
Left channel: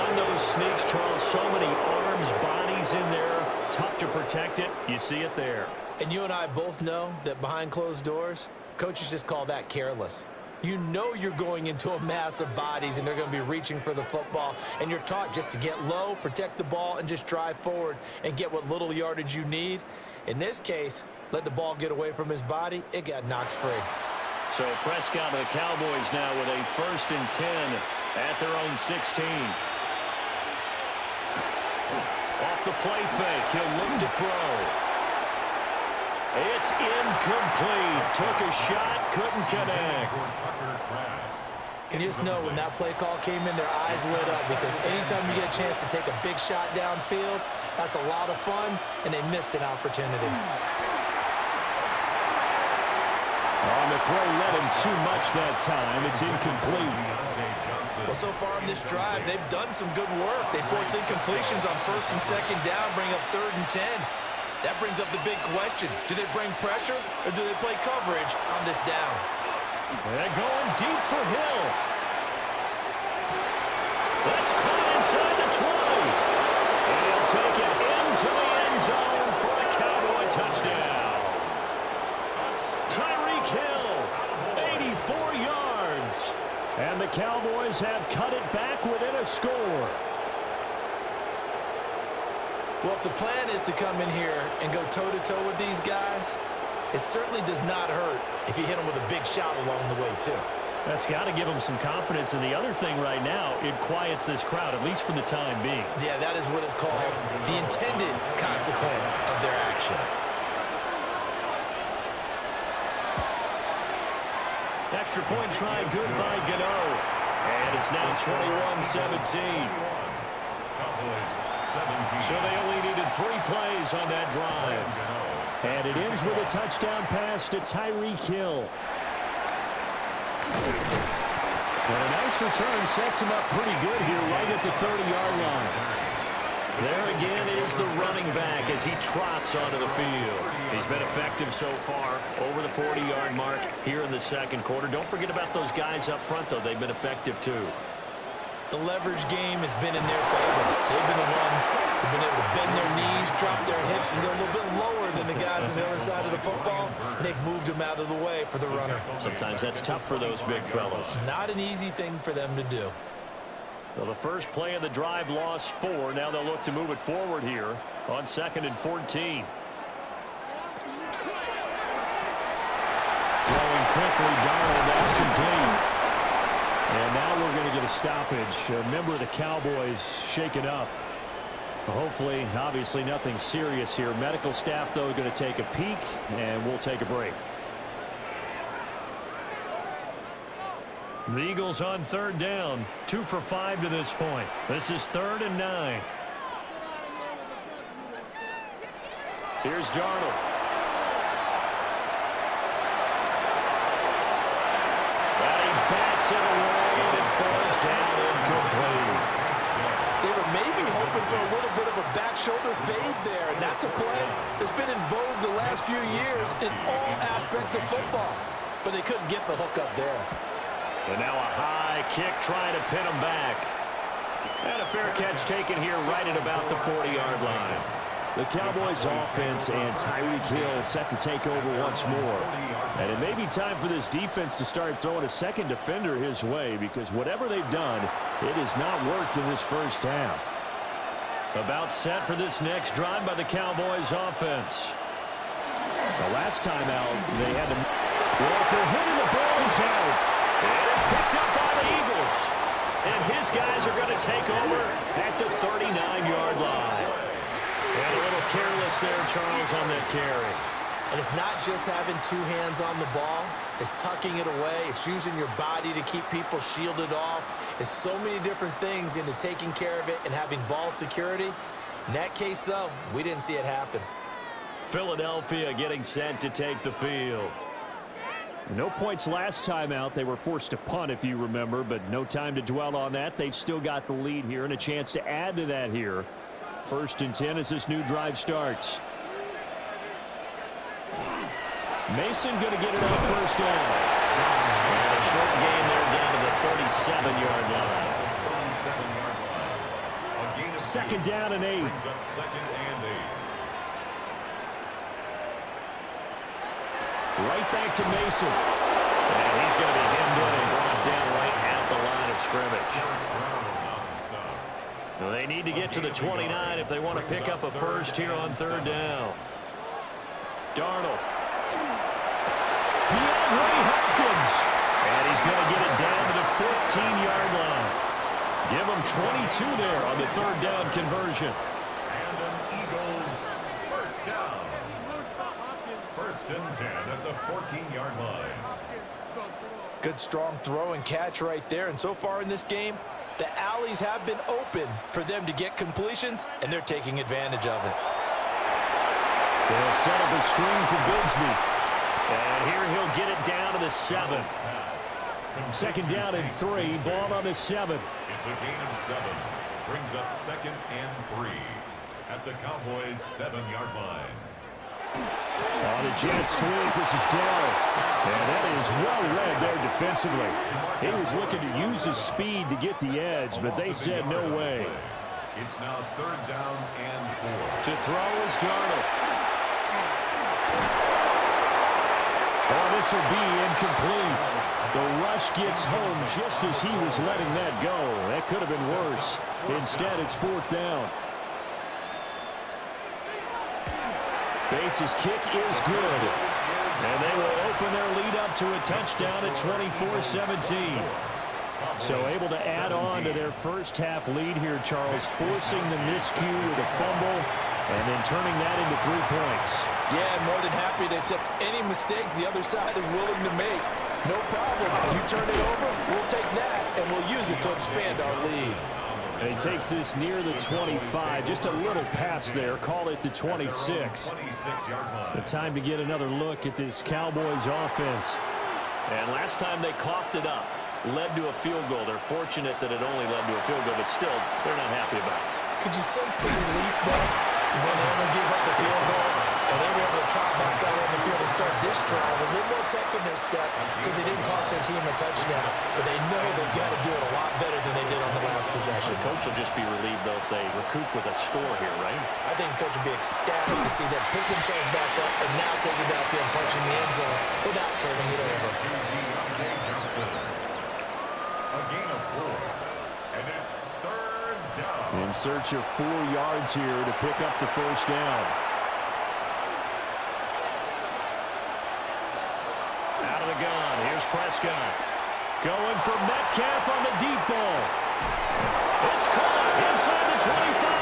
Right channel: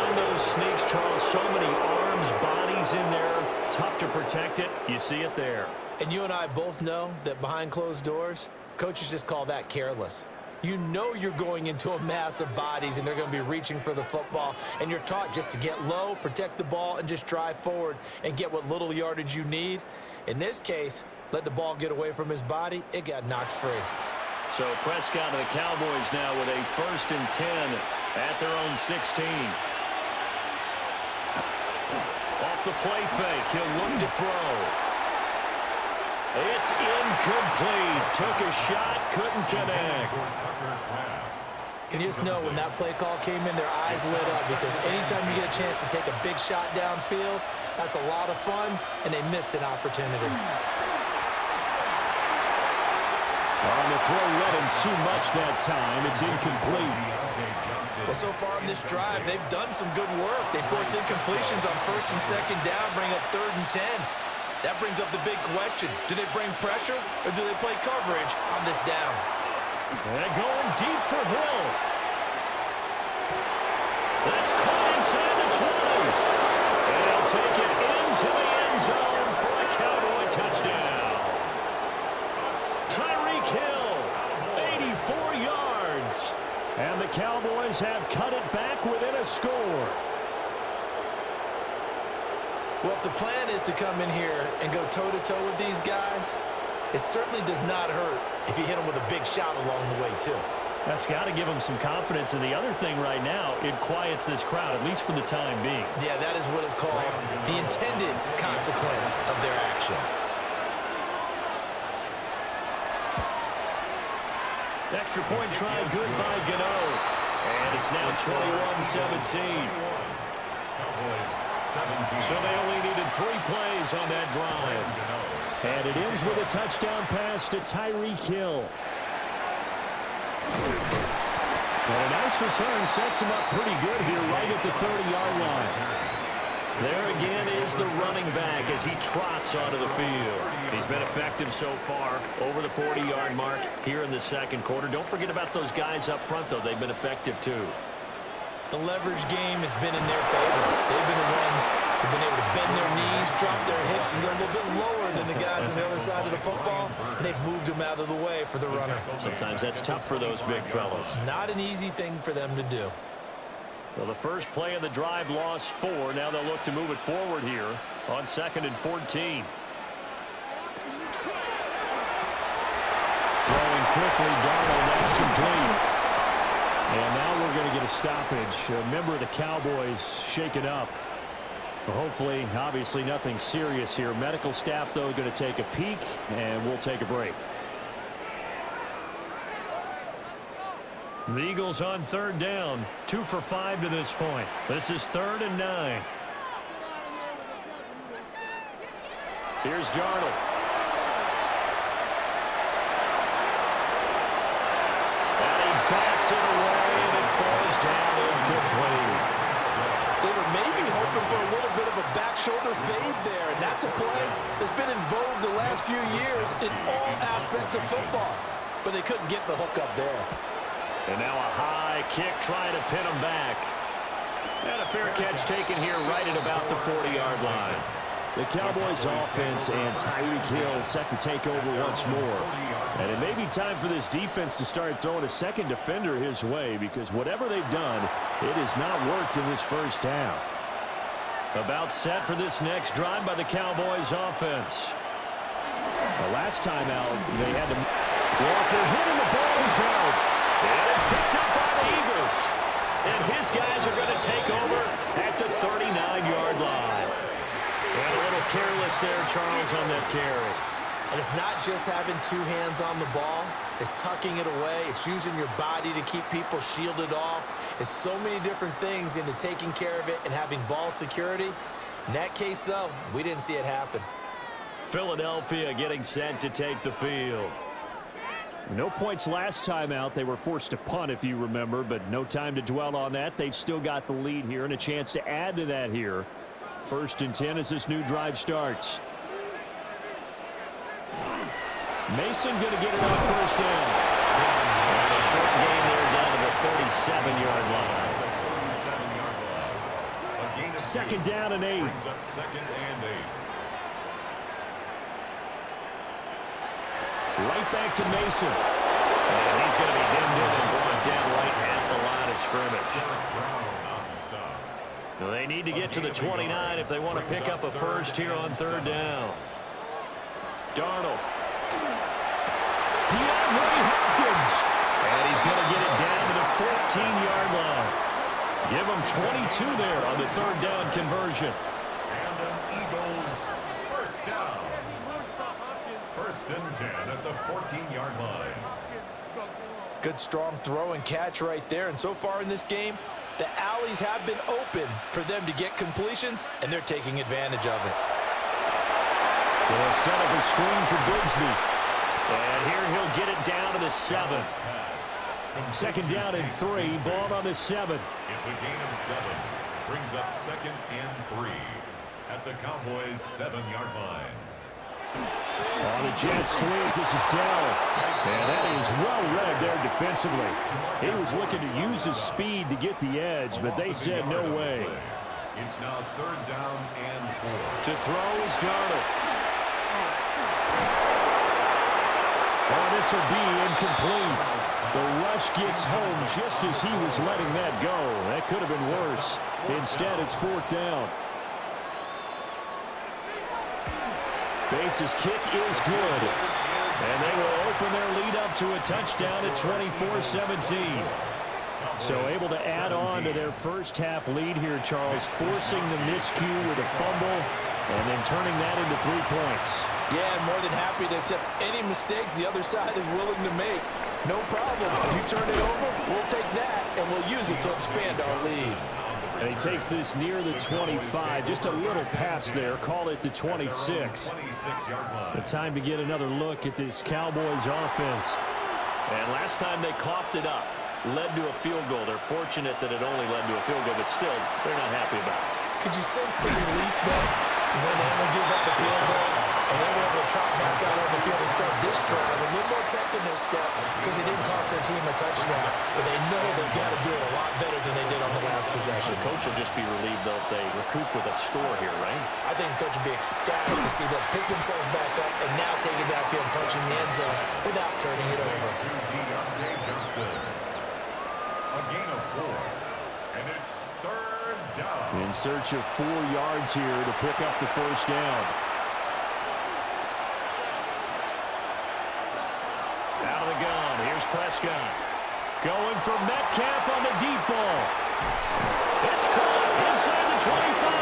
On those sneaks, Charles, so many arms, bodies in there. Tough to protect it. You see it there. And you and I both know that behind closed doors, coaches just call that careless. You know you're going into a mass of bodies and they're going to be reaching for the football, and you're taught just to get low, protect the ball, and just drive forward and get what little yardage you need. In this case, let the ball get away from his body. It got knocked free. So Prescott and the Cowboys now with a 1st and 10 at their own 16. Off the play fake, he'll look to throw. It's incomplete. Took a shot, couldn't connect. And you just know when that play call came in, their eyes lit up, because anytime you get a chance to take a big shot downfield, that's a lot of fun, and they missed an opportunity. On the throw, let him too much that time. It's incomplete. Well, so far on this drive, they've done some good work. They force incompletions on 1st and 2nd down, bring up 3rd and 10. That brings up the big question. Do they bring pressure or do they play coverage on this down? They're going deep for Hill. That's caught inside the 20. And he'll take it into the end zone for a Cowboy touchdown. Tyreek Hill, 84 yards. And the Cowboys have cut it back within a score. Well, if the plan is to come in here and go toe-to-toe with these guys, it certainly does not hurt if you hit them with a big shout along the way, too. That's got to give them some confidence. And the other thing right now, it quiets this crowd, at least for the time being. Yeah, that is what is called the intended consequence of their actions. Extra point try, good by Gano. And it's now 21-17. So they only needed 3 plays on that drive. And it ends with a touchdown pass to Tyreek Hill. And a nice return sets him up pretty good here right at the 30-yard line. There again is the running back as he trots onto the field. He's been effective so far over the 40-yard mark here in the second quarter. Don't forget about those guys up front, though. They've been effective, too. The leverage game has been in their favor. They've been the ones who've been able to bend their knees, drop their hips, and go a little bit lower than the guys on the other side of the football, and they've moved them out of the way for the runner. Sometimes that's tough for those big fellas. Not an easy thing for them to do. Well, the first play of the drive lost 4. Now they'll look to move it forward here on 2nd and 14. Throwing quickly, Darnold, that's complete. And now we're going to get a stoppage. A member of the Cowboys shaken up. Hopefully, obviously nothing serious here. Medical staff, though, going to take a peek, and we'll take a break. The Eagles on 3rd down. 2 for 5 to this point. This is 3rd and 9. Here's Darnold. And he bats it away, and it falls down incomplete. They were maybe hoping for a little bit of a back shoulder fade there, and that's a play that's been in vogue the last few years in all aspects of football. But they couldn't get the hook up there. And now a high kick trying to pin him back. And a fair catch taken here right at about the 40-yard line. The Cowboys offense and Tyreek Hill set to take over once more. And it may be time for this defense to start throwing a second defender his way, because whatever they've done, it has not worked in this first half. About set for this next drive by the Cowboys offense. The last time out, they had to... Walker hitting the ball is out. It is picked up by the Eagles. And his guys are going to take over at the 39-yard line. And a little careless there, Charles, on that carry. And it's not just having 2 hands on the ball. It's tucking it away. It's using your body to keep people shielded off. It's so many different things into taking care of it and having ball security. In that case, though, we didn't see it happen. Philadelphia getting set to take the field. No points last time out. They were forced to punt, if you remember, but no time to dwell on that. They've still got the lead here and a chance to add to that here. 1st and 10 as this new drive starts. Mason going to get it on 1st down. And a short gain there down to the 37-yard line. 2nd down and 8. Brings up 2nd and 8. Right back to Mason. And he's going to be hemmed in and brought down right at the line of scrimmage. Now they need to get to the 29 if they want to pick up a first here on 3rd down. Darnold. DeAndre Hopkins. And he's going to get it down to the 14-yard line. Give him 22 there on the 3rd down conversion. And an Eagles 1st down. 1st and 10 at the 14-yard line. Good strong throw and catch right there. And so far in this game, the alleys have been open for them to get completions, and they're taking advantage of it. They'll set up a screen for Bigsby. And here he'll get it down to the 7. 2nd down and 3. Ball on the 7. It's a gain of 7. Brings up 2nd and 3 at the Cowboys' 7-yard line. On the jet sweep, this is Dell. And that is well read there defensively. He was looking to use his speed to get the edge, but they said no way. It's now 3rd down and 4. To throw is Darnold. Oh, this will be incomplete. The rush gets home just as he was letting that go. That could have been worse. Instead, it's 4th down. Bates' kick is good. And they will open their lead up to a touchdown at 24-17. So able to add on to their first half lead here, Charles, forcing the miscue with a fumble and then turning that into 3 points. Yeah, more than happy to accept any mistakes the other side is willing to make. No problem. You turn it over, we'll take that, and we'll use it to expand our lead. And he takes this near the 25. Just a little pass there. Call it the 26. The time to get another look at this Cowboys offense. And last time they coughed it up, led to a field goal. They're fortunate that it only led to a field goal, but still, they're not happy about it. Could you sense the relief, though, when they only gave up the field goal and they were able to trot back out on the field and start this drive a little more pep in their step because they didn't cost their team a touchdown, but they know they've got to do it a lot better than they did on the last possession. The coach will just be relieved, though, if they recoup with a score here, right? I think the coach will be ecstatic to see them pick themselves back up and now take it downfield, punching the end zone without turning it over. DeAndre Johnson. A gain of 4. And it's 3rd down. In search of 4 yards here to pick up the first down. Out of the gun, here's Prescott. Going for Metcalf on the deep ball. It's caught inside the 25.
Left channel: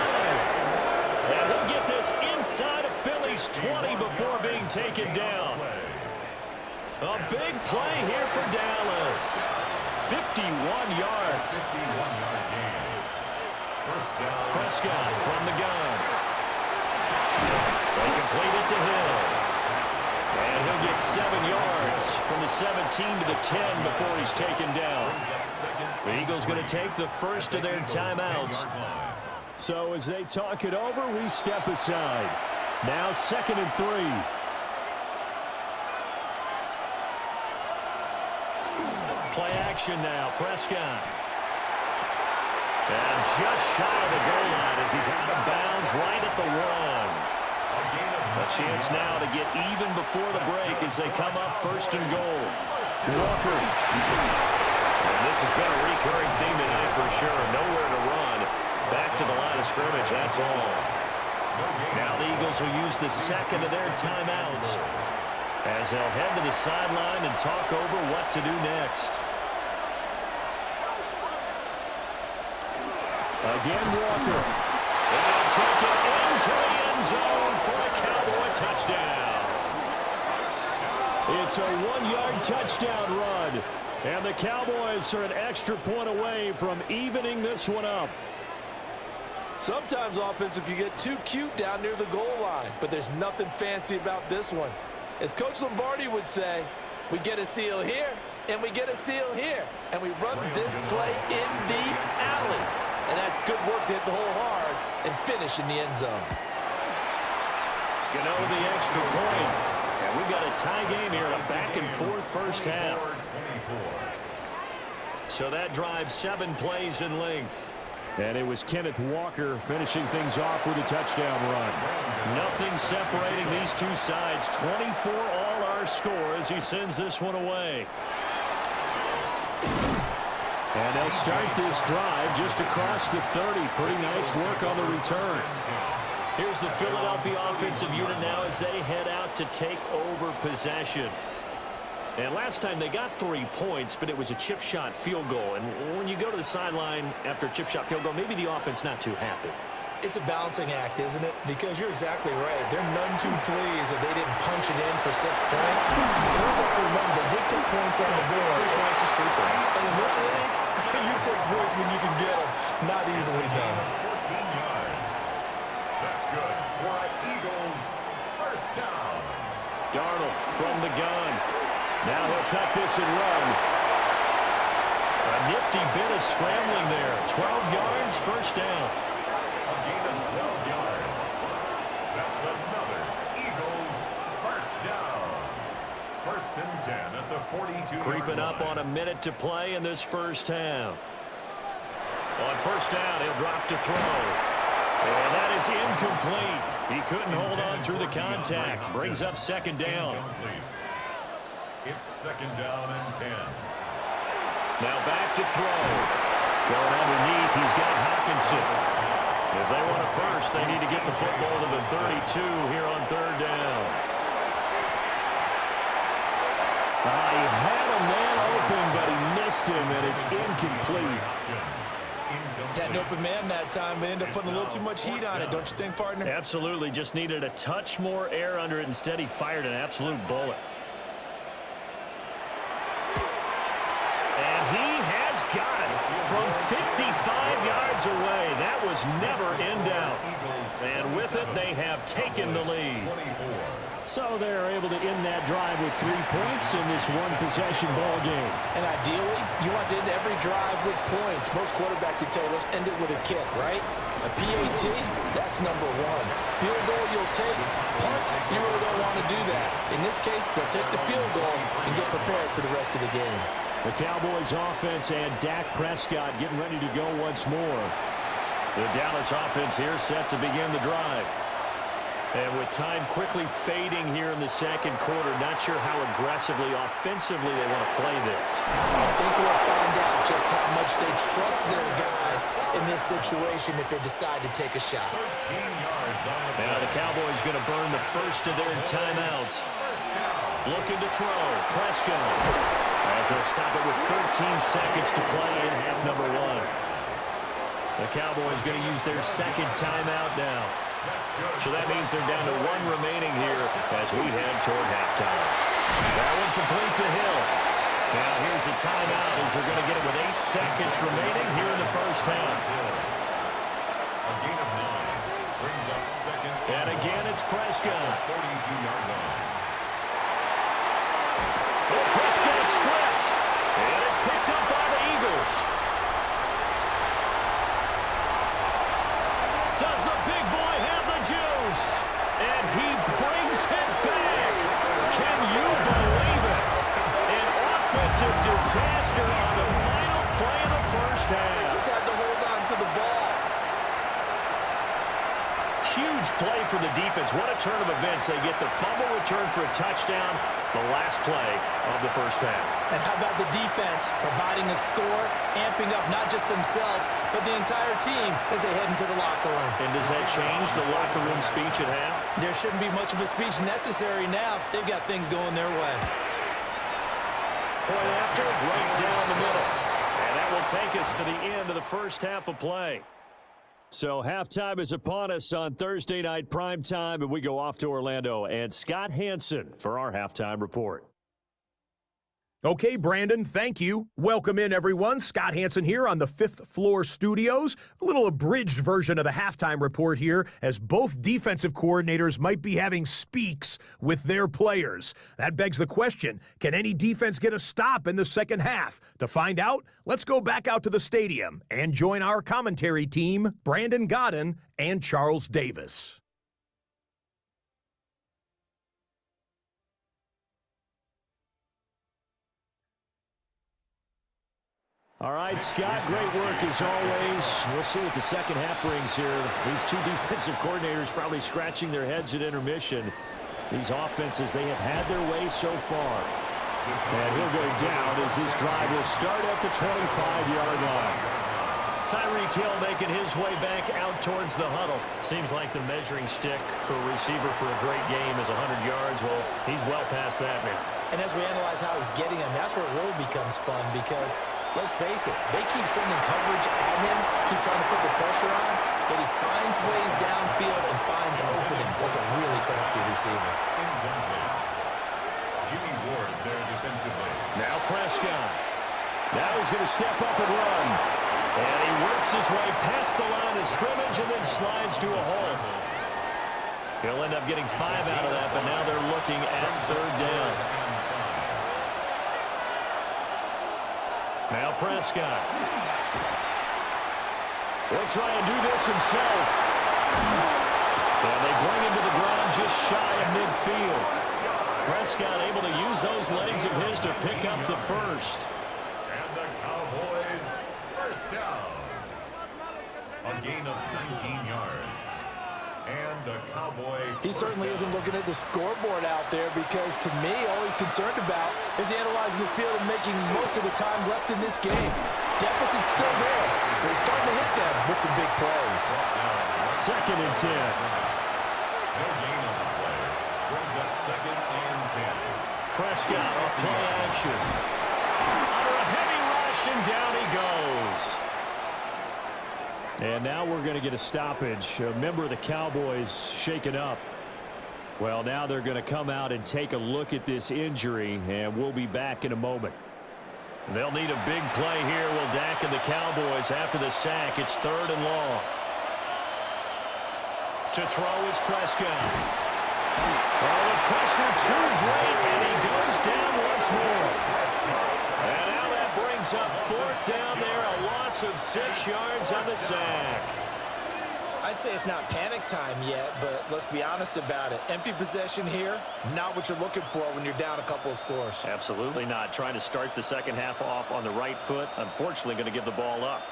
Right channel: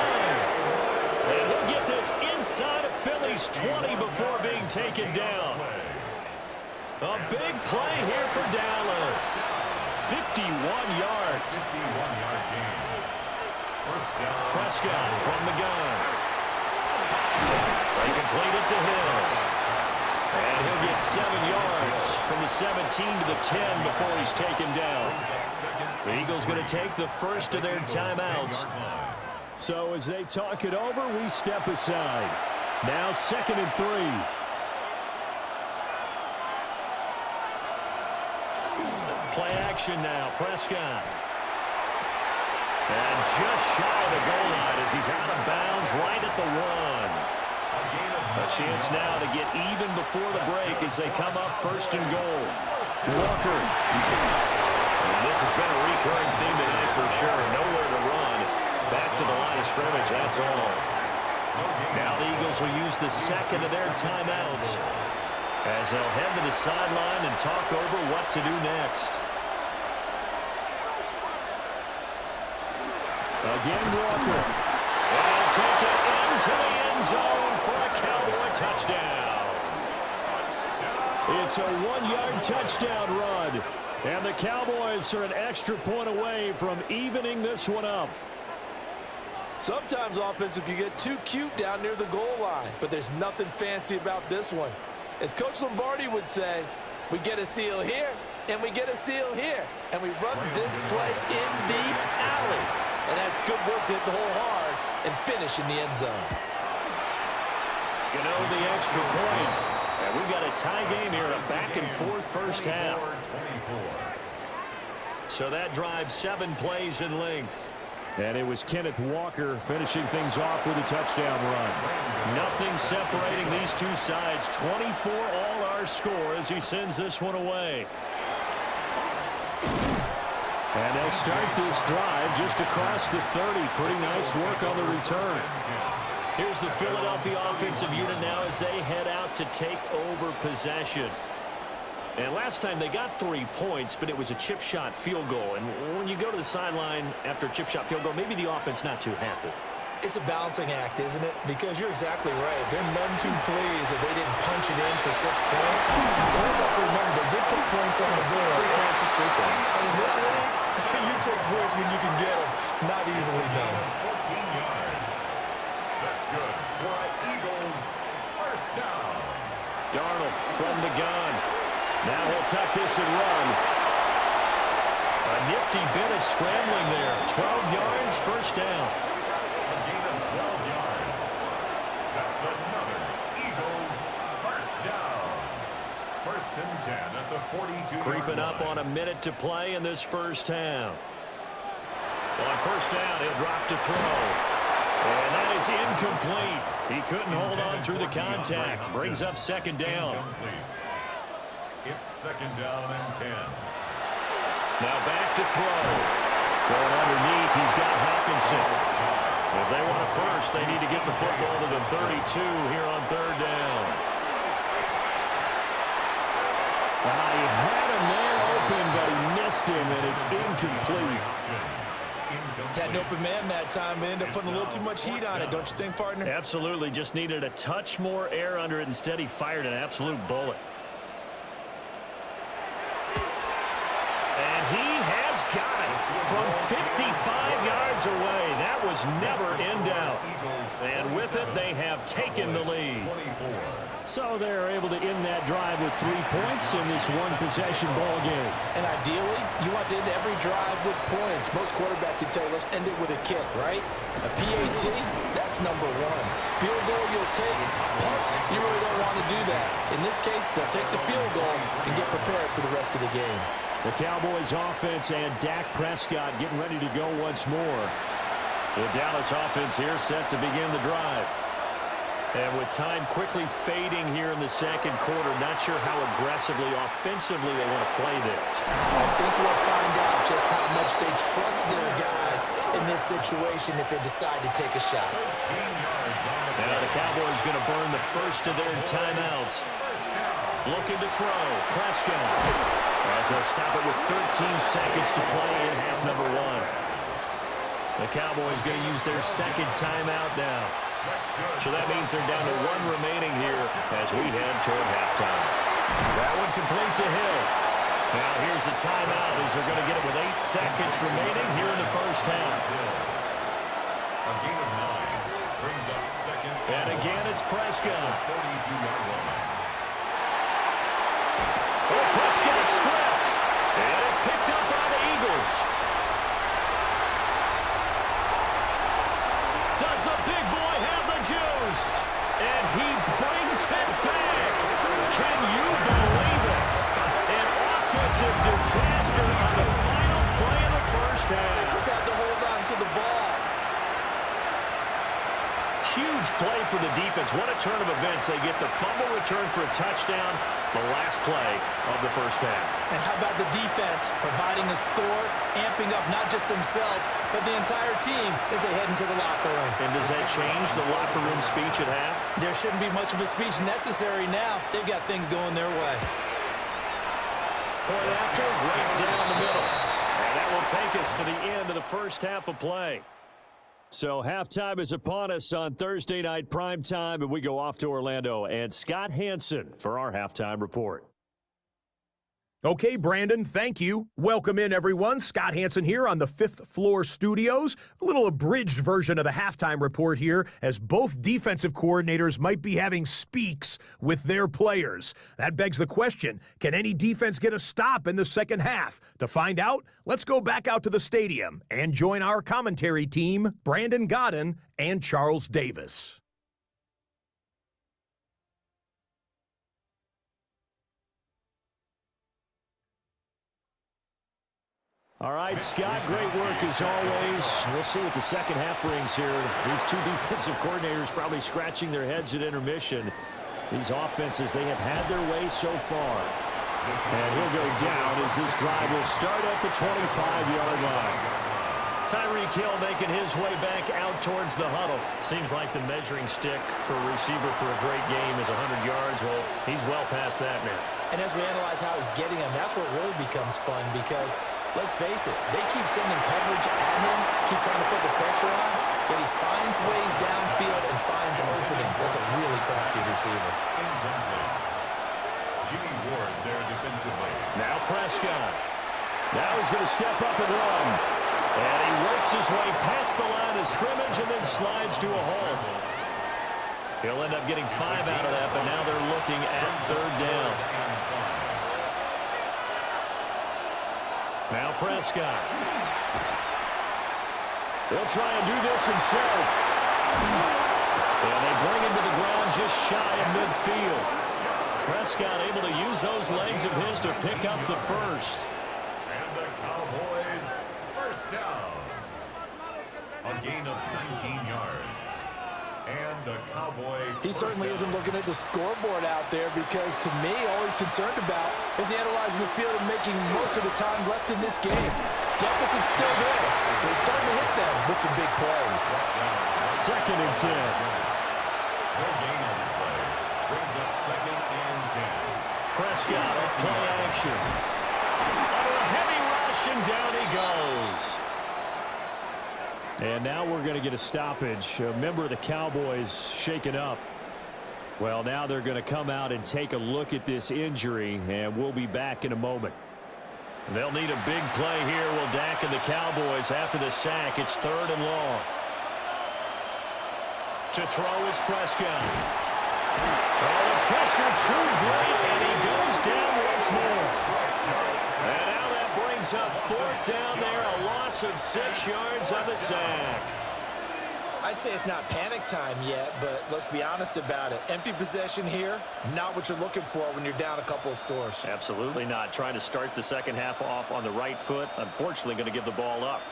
And he'll get this inside of Philly's 20 before being taken down. A big play here for Dallas. 51 yards. 51-yard gain. First down. Prescott from the gun. They complete it to Hill. And he'll get 7 yards from the 17 to the 10 before he's taken down. The Eagles going to take the first of their timeouts. So as they talk it over, we step aside. Now 2nd and 3. Play action now, Prescott. And just shy of the goal line as he's out of bounds right at the 1. A chance now to get even before the break as they come up 1st and goal. Walker. And this has been a recurring theme tonight for sure. Nowhere to run. Back to the line of scrimmage, that's all. Now the Eagles will use the 2nd of their timeouts as they'll head to the sideline and talk over what to do next. Again, Walker. And they'll take it into the end zone for a Cowboy touchdown. It's a 1-yard touchdown run. And the Cowboys are an extra point away from evening this one up. Sometimes offenses can get too cute down near the goal line, but there's nothing fancy about this one. As Coach Lombardi would say, we get a seal here, and we get a seal here, and we run this play in the alley. And that's good work to hit the hole hard and finish in the end zone. Gano the extra point. And we've got a tie game here, a back-and-forth first half. So that drives 7 plays in length. And it was Kenneth Walker finishing things off with a touchdown run. Nothing separating these two sides. 24 all our score as he sends this one away. And they'll start this drive just across the 30. Pretty nice work on the return. Here's the Philadelphia offensive unit now as they head out to take over possession. And last time they got 3 points, but it was a chip shot field goal. And when you go to the sideline after a chip shot field goal, maybe the offense not too happy. It's a balancing act, isn't it? Because you're exactly right. They're none too pleased that they didn't punch it in for 6 points. You always have to remember they did put points on the board. 3 points is 3 points. And in this league, you take points when you can get them. Not easily done. 14 yards. That's good for an Eagles first down. Darnold from the gun. Now he'll tuck this and run. A nifty bit of scrambling there. 12 yards, first down. A gain of 12 yards. That's another Eagles first down. 1st and 10 at the 42-yard Creeping up line. on a minute to play in this first half. On first down, he'll drop to throw. And that is incomplete. He couldn't hold on through the contact. Brings up 2nd down. It's 2nd down and 10. Now back to throw. Going underneath, he's got Hockenson. If they want a first, they need to get the football to the 32 here on 3rd down. He had a man open, but he missed him, and it's incomplete. Had an open man that time, but ended up putting a little too much heat on it, don't you think, partner? Absolutely. Just needed a touch more air under it. Instead, he fired an absolute bullet. And he has got it from 55 yards away. That was never in doubt. And with it, they have taken the lead. So they're able to end that drive with 3 points in this one-possession ball game. And ideally, you want to end every drive with points. Most quarterbacks would tell you, let's end it with a kick, right? A PAT, that's number 1. Field goal you'll take. Punts, you really don't want to do that. In this case, they'll take the field goal and get prepared for the rest of the game. The Cowboys offense and Dak Prescott getting ready to go once more. The Dallas offense here set to begin the drive. And with time quickly fading here in the 2nd quarter, not sure how aggressively, offensively they want to play this. I think we'll find out just how much they trust their guys in this situation if they decide to take a shot. Now the Cowboys going to burn the first of their timeouts. Looking to throw. Prescott as they'll stop it with 13 seconds to play in half number 1. The Cowboys going to use their 2nd timeout now. So that means they're down to 1 remaining here as we head toward halftime. That one complete to Hill. Now here's a timeout as they're going to get it with 8 seconds remaining here in the first half. A gain of 9 brings up 2nd. And again, it's Prescott. 42-yard line. Oh, Prescott stripped. And it's picked up by the Eagles. Does the big boy have the juice? And he brings it back. Can you believe it? An offensive disaster on the final play of the first half. They just had to hold on to the ball. Huge play for the defense. What a turn of events. They get the fumble return for a touchdown, the last play of the first half. And how about the defense providing a score, amping up not just themselves, but the entire team as they head into the locker room. And does that change the locker room speech at half? There shouldn't be much of a speech necessary now. They've got things going their way. Point after, right down the middle. And that will take us to the end of the first half of play. So halftime is upon us on Thursday night primetime, and we go off to Orlando. And Scott Hansen for our halftime report. Okay, Brandon, thank you. Welcome in, everyone. Scott Hansen here on the 5th Floor Studios. A little abridged version of the halftime report here, as both defensive coordinators might be having speaks with their players. That begs the question, can any defense get a stop in the second half? To find out, let's go back out to the stadium and join our commentary team, Brandon Godden and Charles Davis. All right, Scott, great work as always. We'll see what the second half brings here. These two defensive coordinators probably scratching their heads at intermission. These offenses, they have had their way so far. And he'll go down as this drive will start at the 25-yard line. Tyreek Hill making his way back out towards the huddle. Seems like the measuring stick for a receiver for a great game is 100 yards. Well, he's well past that now. And as we analyze how he's getting them, that's where it really becomes fun because, let's face it, they keep sending coverage at him, keep trying to put the pressure on, yet he finds ways downfield and finds openings. That's a really crafty receiver. Jimmy Ward there defensively. Now Prescott. Now he's going to step up and run. And he works his way past the line of scrimmage and then slides to a hole. He'll end up getting 5 out of that, but now they're looking at 3rd down. Now Prescott. He'll try and do this himself. And they bring him to the ground just shy of midfield. Prescott able to use those legs of his to pick up the first. And the Cowboys first down. A gain of 19 yards. And a Cowboy. He certainly isn't looking at the scoreboard out there because, to me, all he's concerned about is analyzing the field and making most of the time left in this game. Deficit's still there, but he's starting to hit them with some big plays. 2nd and 10. No gain on the play. Brings up 2nd and 10. Prescott off play action. Under a heavy rush, and down he goes. And now we're going to get a stoppage. A member of the Cowboys shaken up. Well, now they're going to come out and take a look at this injury, and we'll be back in a moment. They'll need a big play here, will Dak and the Cowboys after the sack. It's 3rd and long. To throw is Prescott. Oh, the pressure too great, and he goes down once more. And now that brings up 4th down there, a loss of 6 yards on the sack. I'd say it's not panic time yet, but let's be honest about it. Empty possession here, not what you're looking for when you're down a couple of scores. Absolutely not. Trying to start the second half off on the right foot. Unfortunately, going to give the ball up.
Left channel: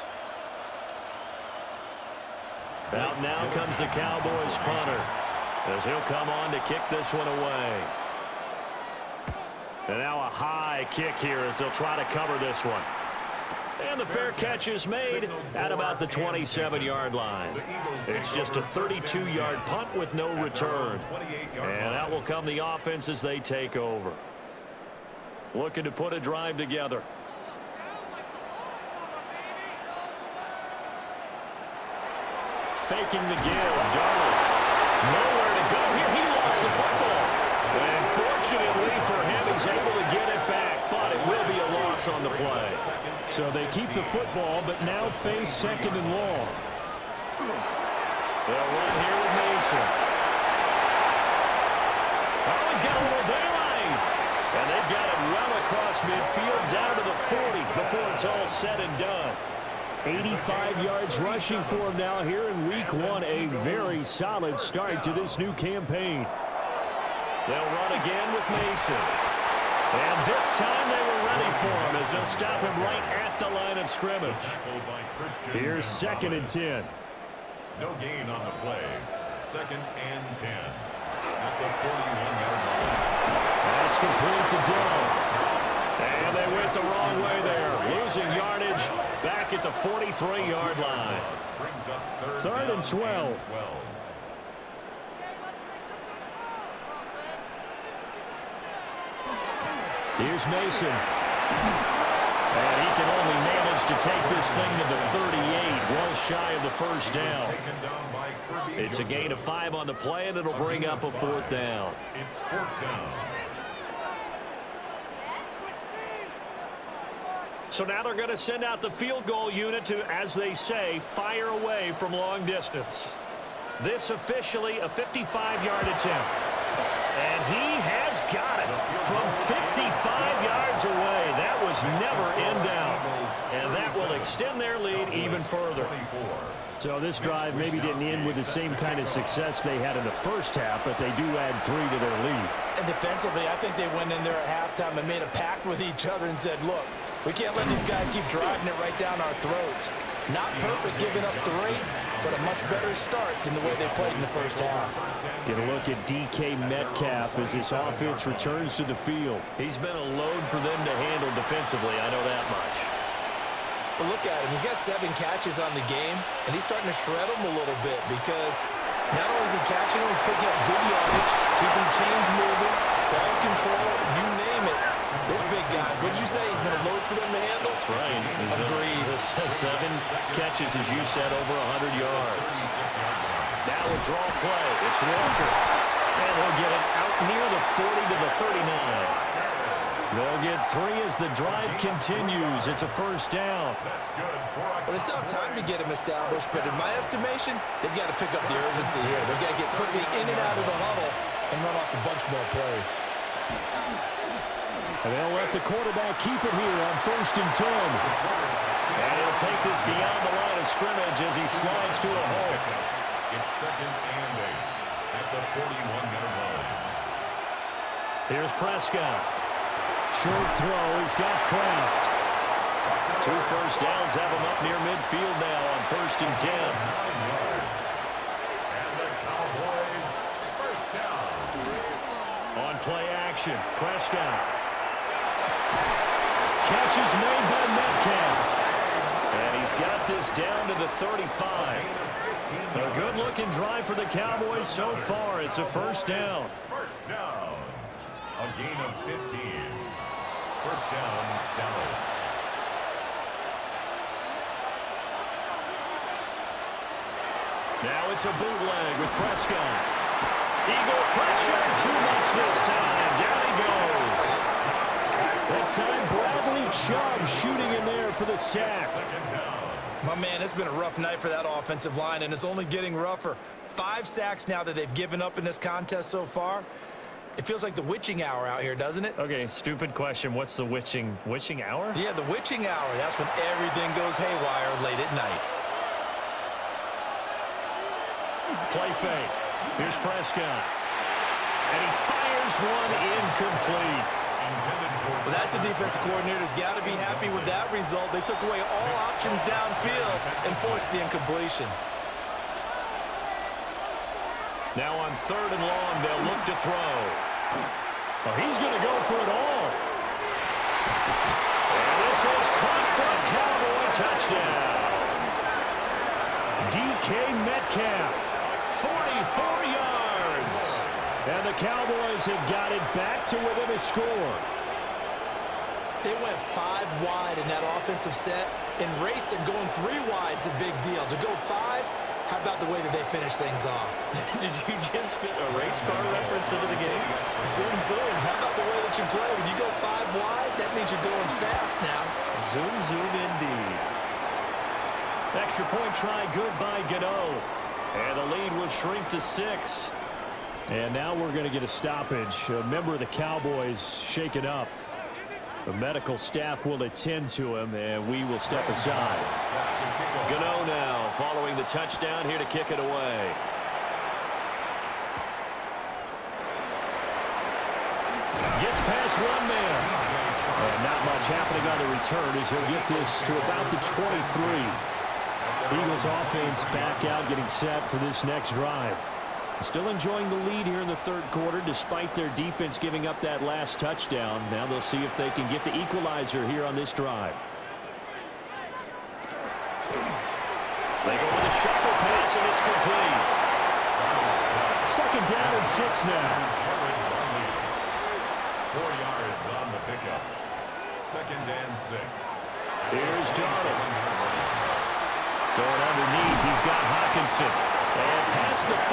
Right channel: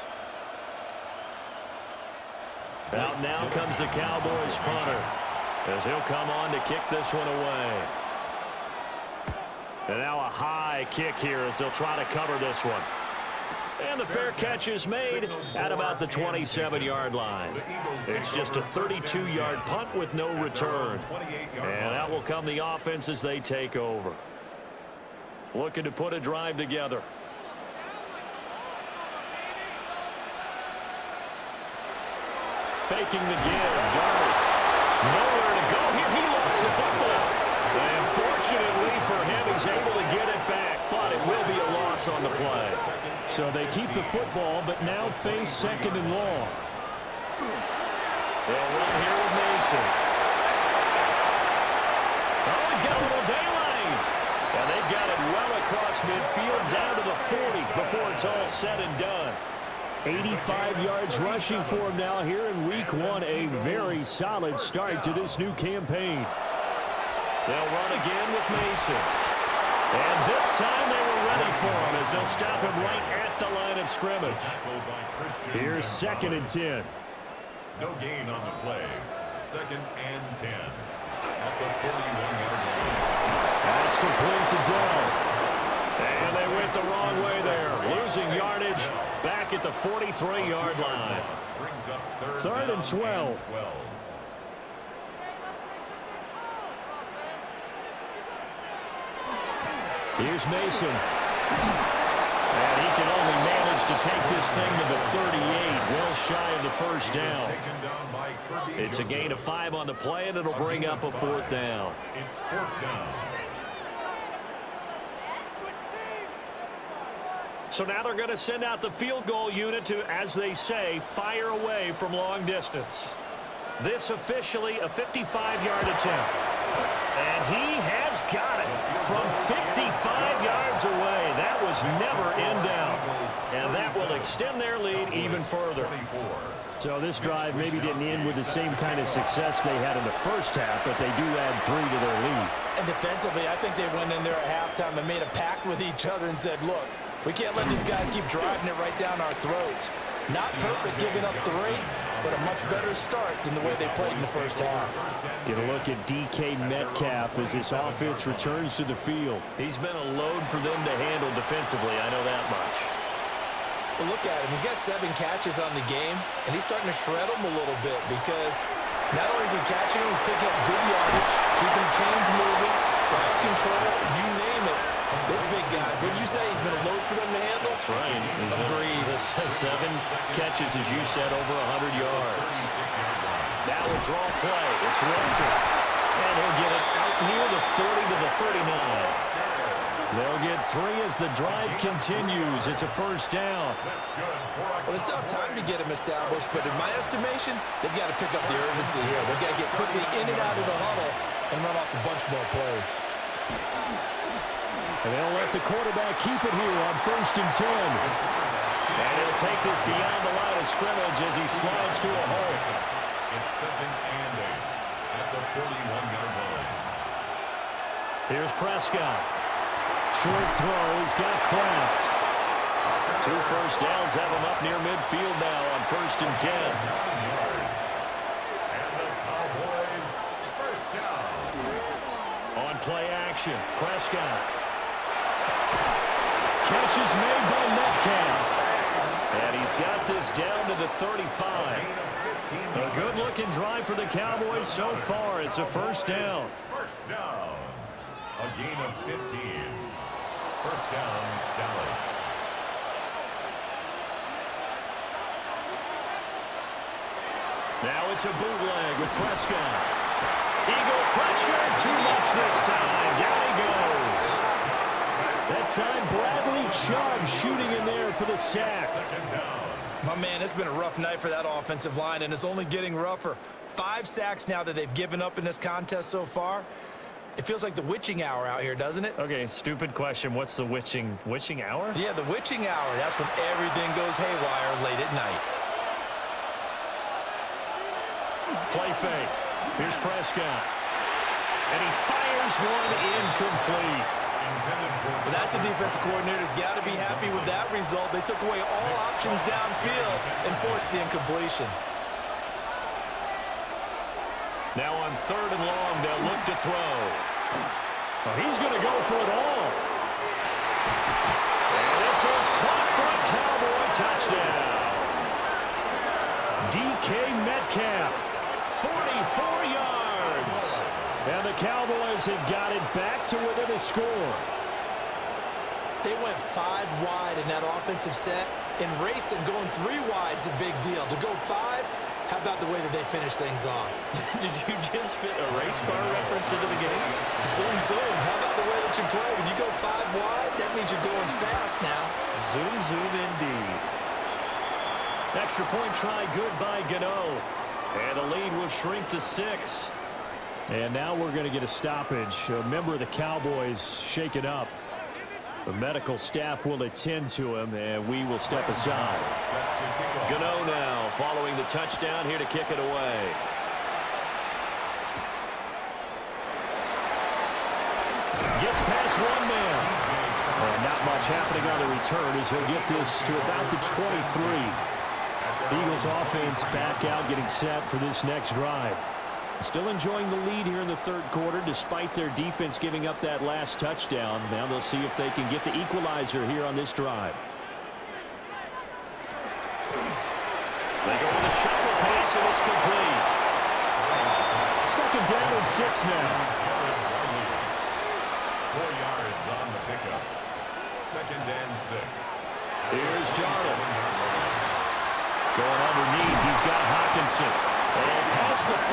Out now comes the Cowboys punter, as he'll come on to kick this one away. And now a high kick here as they'll try to cover this one. And the fair catch is made at about the 27-yard line. It's just a 32-yard punt with no return. And that will come the offense as they take over. Looking to put a drive together. Faking the give. Darnold. Nowhere to go here. He lost the football. And fortunately for him, he's able to get it back, but it will be a loss on the play. So they keep the football, but now face 2nd and long. They'll run here with Mason. Oh, he's got a little daylight. And they've got it well across midfield down to the 40 before it's all said and done. 85 yards rushing for him now here in week 1. A very solid start to this new campaign. They'll run again with Mason. And this time they were ready for him as they'll stop him right at the line of scrimmage. Here's 2nd and 10. No gain on the play. 2nd and 10. At the 41-yard line. That's complete to Dell. And they went the wrong way there. Losing yardage back at the 43-yard line. 3rd and 12. Here's Mason. And he can only manage to take this thing to the 38, well shy of the 1st down. It's a gain of 5 on the play, and it'll bring up a 4th down. It's 4th down. So now they're going to send out the field goal unit to, as they say, fire away from long distance. This officially a 55-yard attempt. And he has got it from 55 yards away. That was never in doubt. And that will extend their lead even further. So this drive maybe didn't end with the same kind of success they had in the first half, but they do add 3 to their lead. And defensively, I think they went in there at halftime and made a pact with each other and said, look, we can't let these guys keep driving it right down our throats. Not perfect giving up 3, but a much better start than the way they played in the first half. Get a look at DK Metcalf as this offense returns to the field. He's been a load for them to handle defensively, I know that much. But look at him. He's got 7 catches on the game, and he's starting to shred them a little bit because not only is he catching them, he's picking up good yardage, keeping the chains moving, ball control, you name it. This big guy, what did you say? He's been a load for them to handle? That's right. Agreed. 7 catches, as you said, over 100 yards. Now a draw play. It's Walker. And he'll get it out near the 40 to the 39. They'll get 3 as the drive continues. It's a 1st down. Well, they still have time to get him established, but in my estimation, they've got to pick up the urgency here. They've got to get quickly in and out of the huddle and run off a bunch more plays. And they'll let the quarterback keep it here on 1st and 10. And he'll take this beyond the line of scrimmage as he slides to a hole. It's 2nd and 8 at the 41-yard line. Here's Prescott. Short throw. He's got Kraft. 2 1st downs have him up near midfield now on 1st and 10. And the Cowboys play action. Prescott. Catch is made by Metcalf. And he's got this down to the 35. A good-looking drive for the Cowboys so far. It's a first down. First down. A gain of 15. First down, Dallas. Now it's a bootleg with Prescott. Eagle pressure. Too much this time. Down he goes. That time, Bradley Chubb shooting in there for the sack. Second down. My man, it's been a rough night for that offensive line, and it's only getting rougher. 5 sacks now that they've given up in this contest so far. It feels like the witching hour out here, doesn't it? Okay, stupid question. What's the witching hour? Yeah, the witching hour. That's when everything goes haywire late at night. Play fake. Here's Prescott. And he fires one incomplete. Well, that's a defensive coordinator's got to be happy with that result. They took away all options downfield and forced the incompletion. Now on 3rd and long, they'll look to throw. Oh, he's going to go for it all. And this is caught for a Cowboy touchdown. DK Metcalf, 44 yards. And the Cowboys have got it back to within a score. They went 5 wide in that offensive set. And racing, going 3 wide is a big deal. To go 5, how about the way that they finish things off? Did you just fit a race car reference into the game? Zoom, zoom. How about the way that you play? When you go 5 wide, that means you're going fast now. Zoom, zoom indeed. Extra point try good by Gano. And the lead will shrink to 6. And now we're going to get a stoppage. A member of the Cowboys shaken up. The medical staff will attend to him, and we will step aside. Gano now following the touchdown here to kick it away. Gets past one man. And not much happening on the return as he'll get this to about the 23. Eagles offense back out getting set for this next drive. Still enjoying the lead here in the 3rd quarter despite their defense giving up that last touchdown. Now they'll see if they can get the equalizer here on this drive. They go with a shuffle pass, and it's complete. 2nd down and 6 now. 4 yards on the pickup. 2nd and 6. Here's Darnold. Going underneath, he's got Hockenson. And past the 40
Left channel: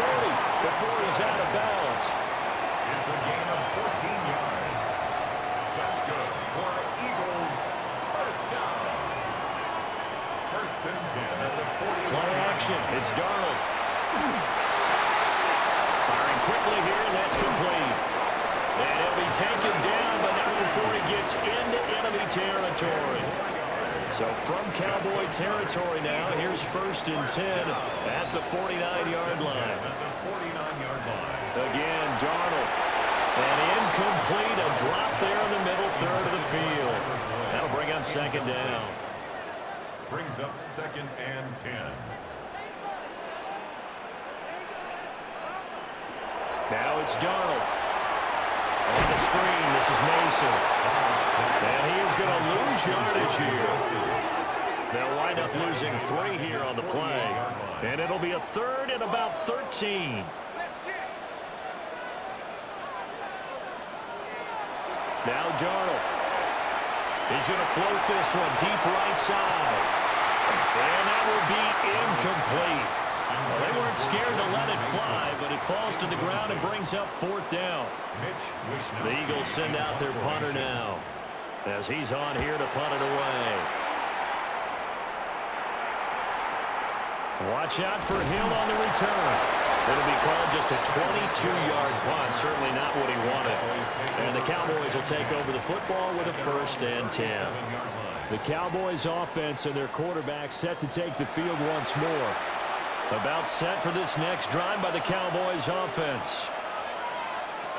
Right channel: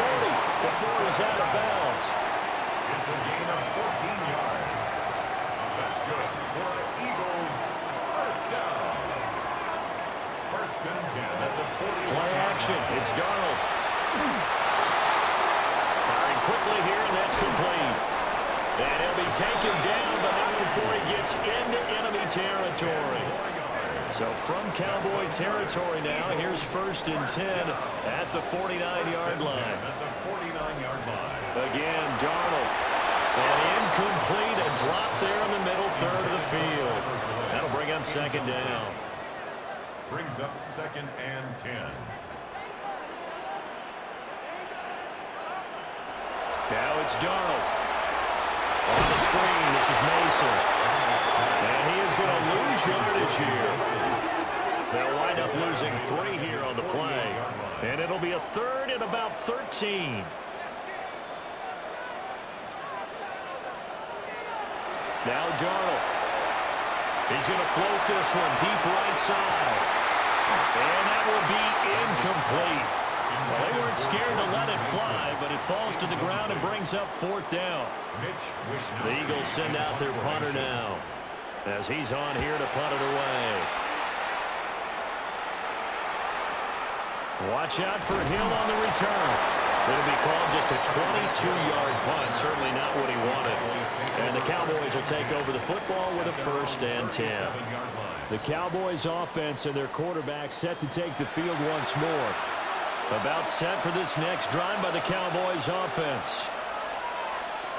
before he's out of bounds. It's a gain of 14 yards. That's good for the Eagles. First down. 1st and 10 at the 40. Play action. It's Darnold. Firing quickly here, and that's complete. And he'll be taken down, but not before he gets into enemy territory. So from Cowboy territory now, here's 1st and 10 at the 49-yard line. Again, Darnold. And incomplete, a drop there in the middle 3rd of the field. That'll bring up 2nd down. Brings up 2nd and 10. Now it's Darnold. On the screen, this is Mason. And he is going to lose yardage here. They'll wind up losing 3 here on the play. And it'll be a 3rd and about 13. Now Darnold. He's going to float this one deep right side. And that will be incomplete. Well, they weren't scared to let it fly, but it falls to the ground and brings up 4th down. The Eagles send out their punter now as he's on here to punt it away. Watch out for Hill on the return. It'll be called just a 22-yard punt, certainly not what he wanted. And the Cowboys will take over the football with a 1st and 10. The Cowboys offense and their quarterback set to take the field once more. About set for this next drive by the Cowboys offense.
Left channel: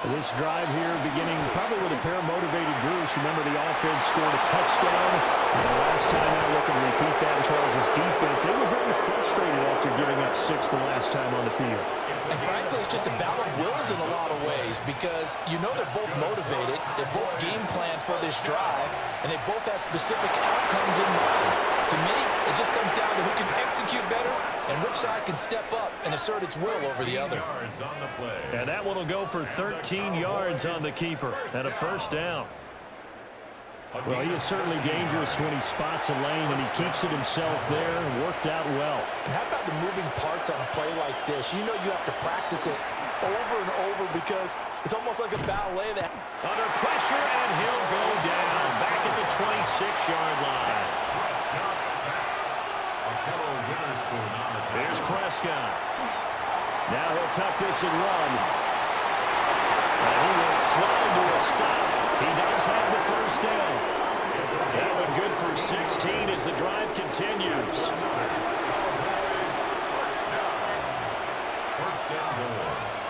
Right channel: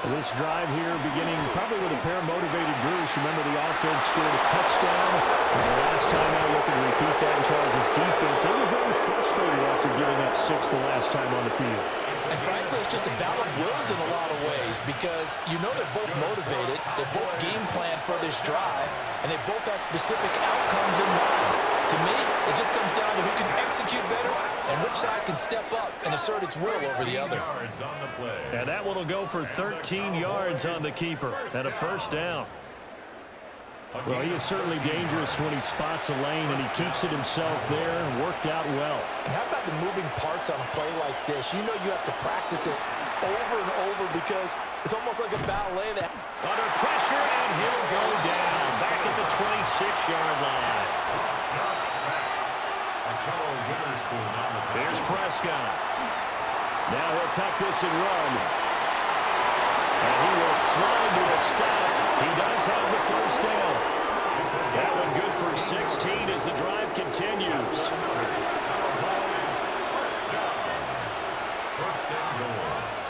This drive here beginning probably with a pair of motivated groups. Remember, the offense scored a touchdown. And the last time out, looking to repeat that in Charles' defense. They were very frustrated after giving up 6 the last time on the field. And frankly, it's just a battle of wills in a lot of ways because you know they're both motivated. They both game plan for this drive, and they both have specific outcomes in mind. To me, it just comes down to who can execute better and which side can step up and assert its will over the other. And that one will go for 13 yards on the keeper and a first down. Well, he is certainly dangerous when he spots a lane, and he keeps it himself there and worked out well. And how about the moving parts on a play like this? You know you have to practice it over and over because it's almost like a ballet. That under pressure, and he'll go down back at the 26-yard line. Here's Prescott. Now he'll tuck this and run. And he will slide to a stop. He does have the first down. That one good for 16 as the drive continues. First and goal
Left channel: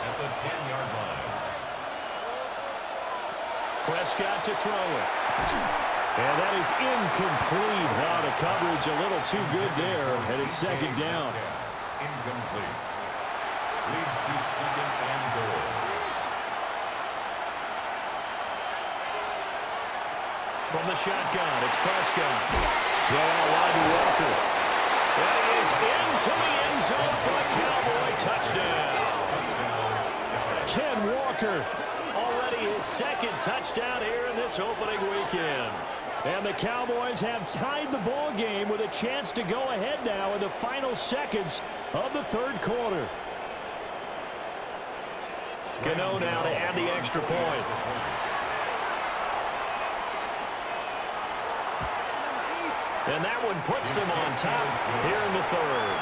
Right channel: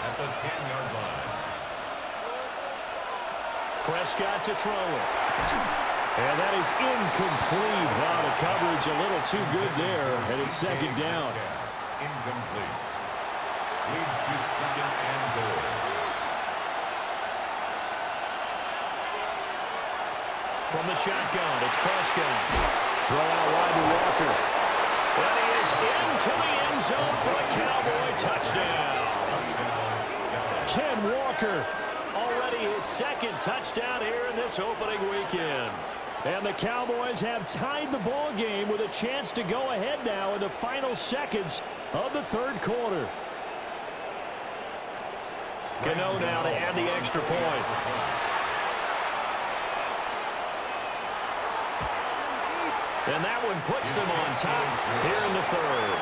at the 10-yard line. Prescott to throw it. And that is incomplete. Wow, the coverage a little too good there. And it's second down. Incomplete. Leads to second and goal. From the shotgun, it's Prescott. Throw out wide to Walker. And he is into the end zone for a Cowboy touchdown. Ken Walker. Already his second touchdown here in this opening weekend. And the Cowboys have tied the ball game with a chance to go ahead now in the final seconds of the third quarter. Cano now to add the extra point. And that one puts them on top here in the third.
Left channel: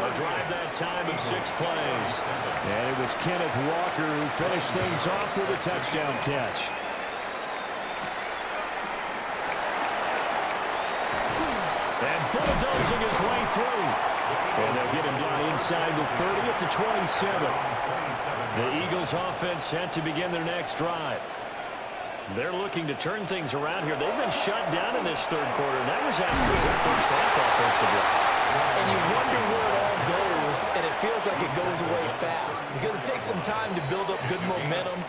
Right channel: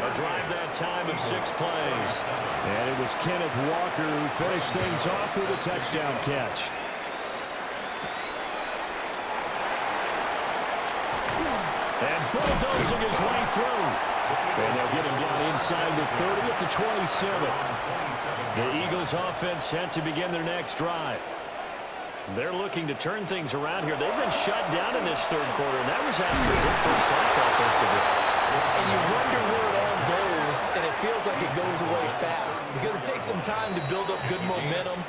A drive that time of 6 plays. And it was Kenneth Walker who finished things off with a touchdown catch. And bulldozing his way through. And they'll get him down inside the 30 at the 27. The Eagles offense set to begin their next drive. They're looking to turn things around here. They've been shut down in this third quarter, and that was after a good first half offensively. And you wonder where it all goes, and it feels like it goes away fast because it takes some time to build up good momentum,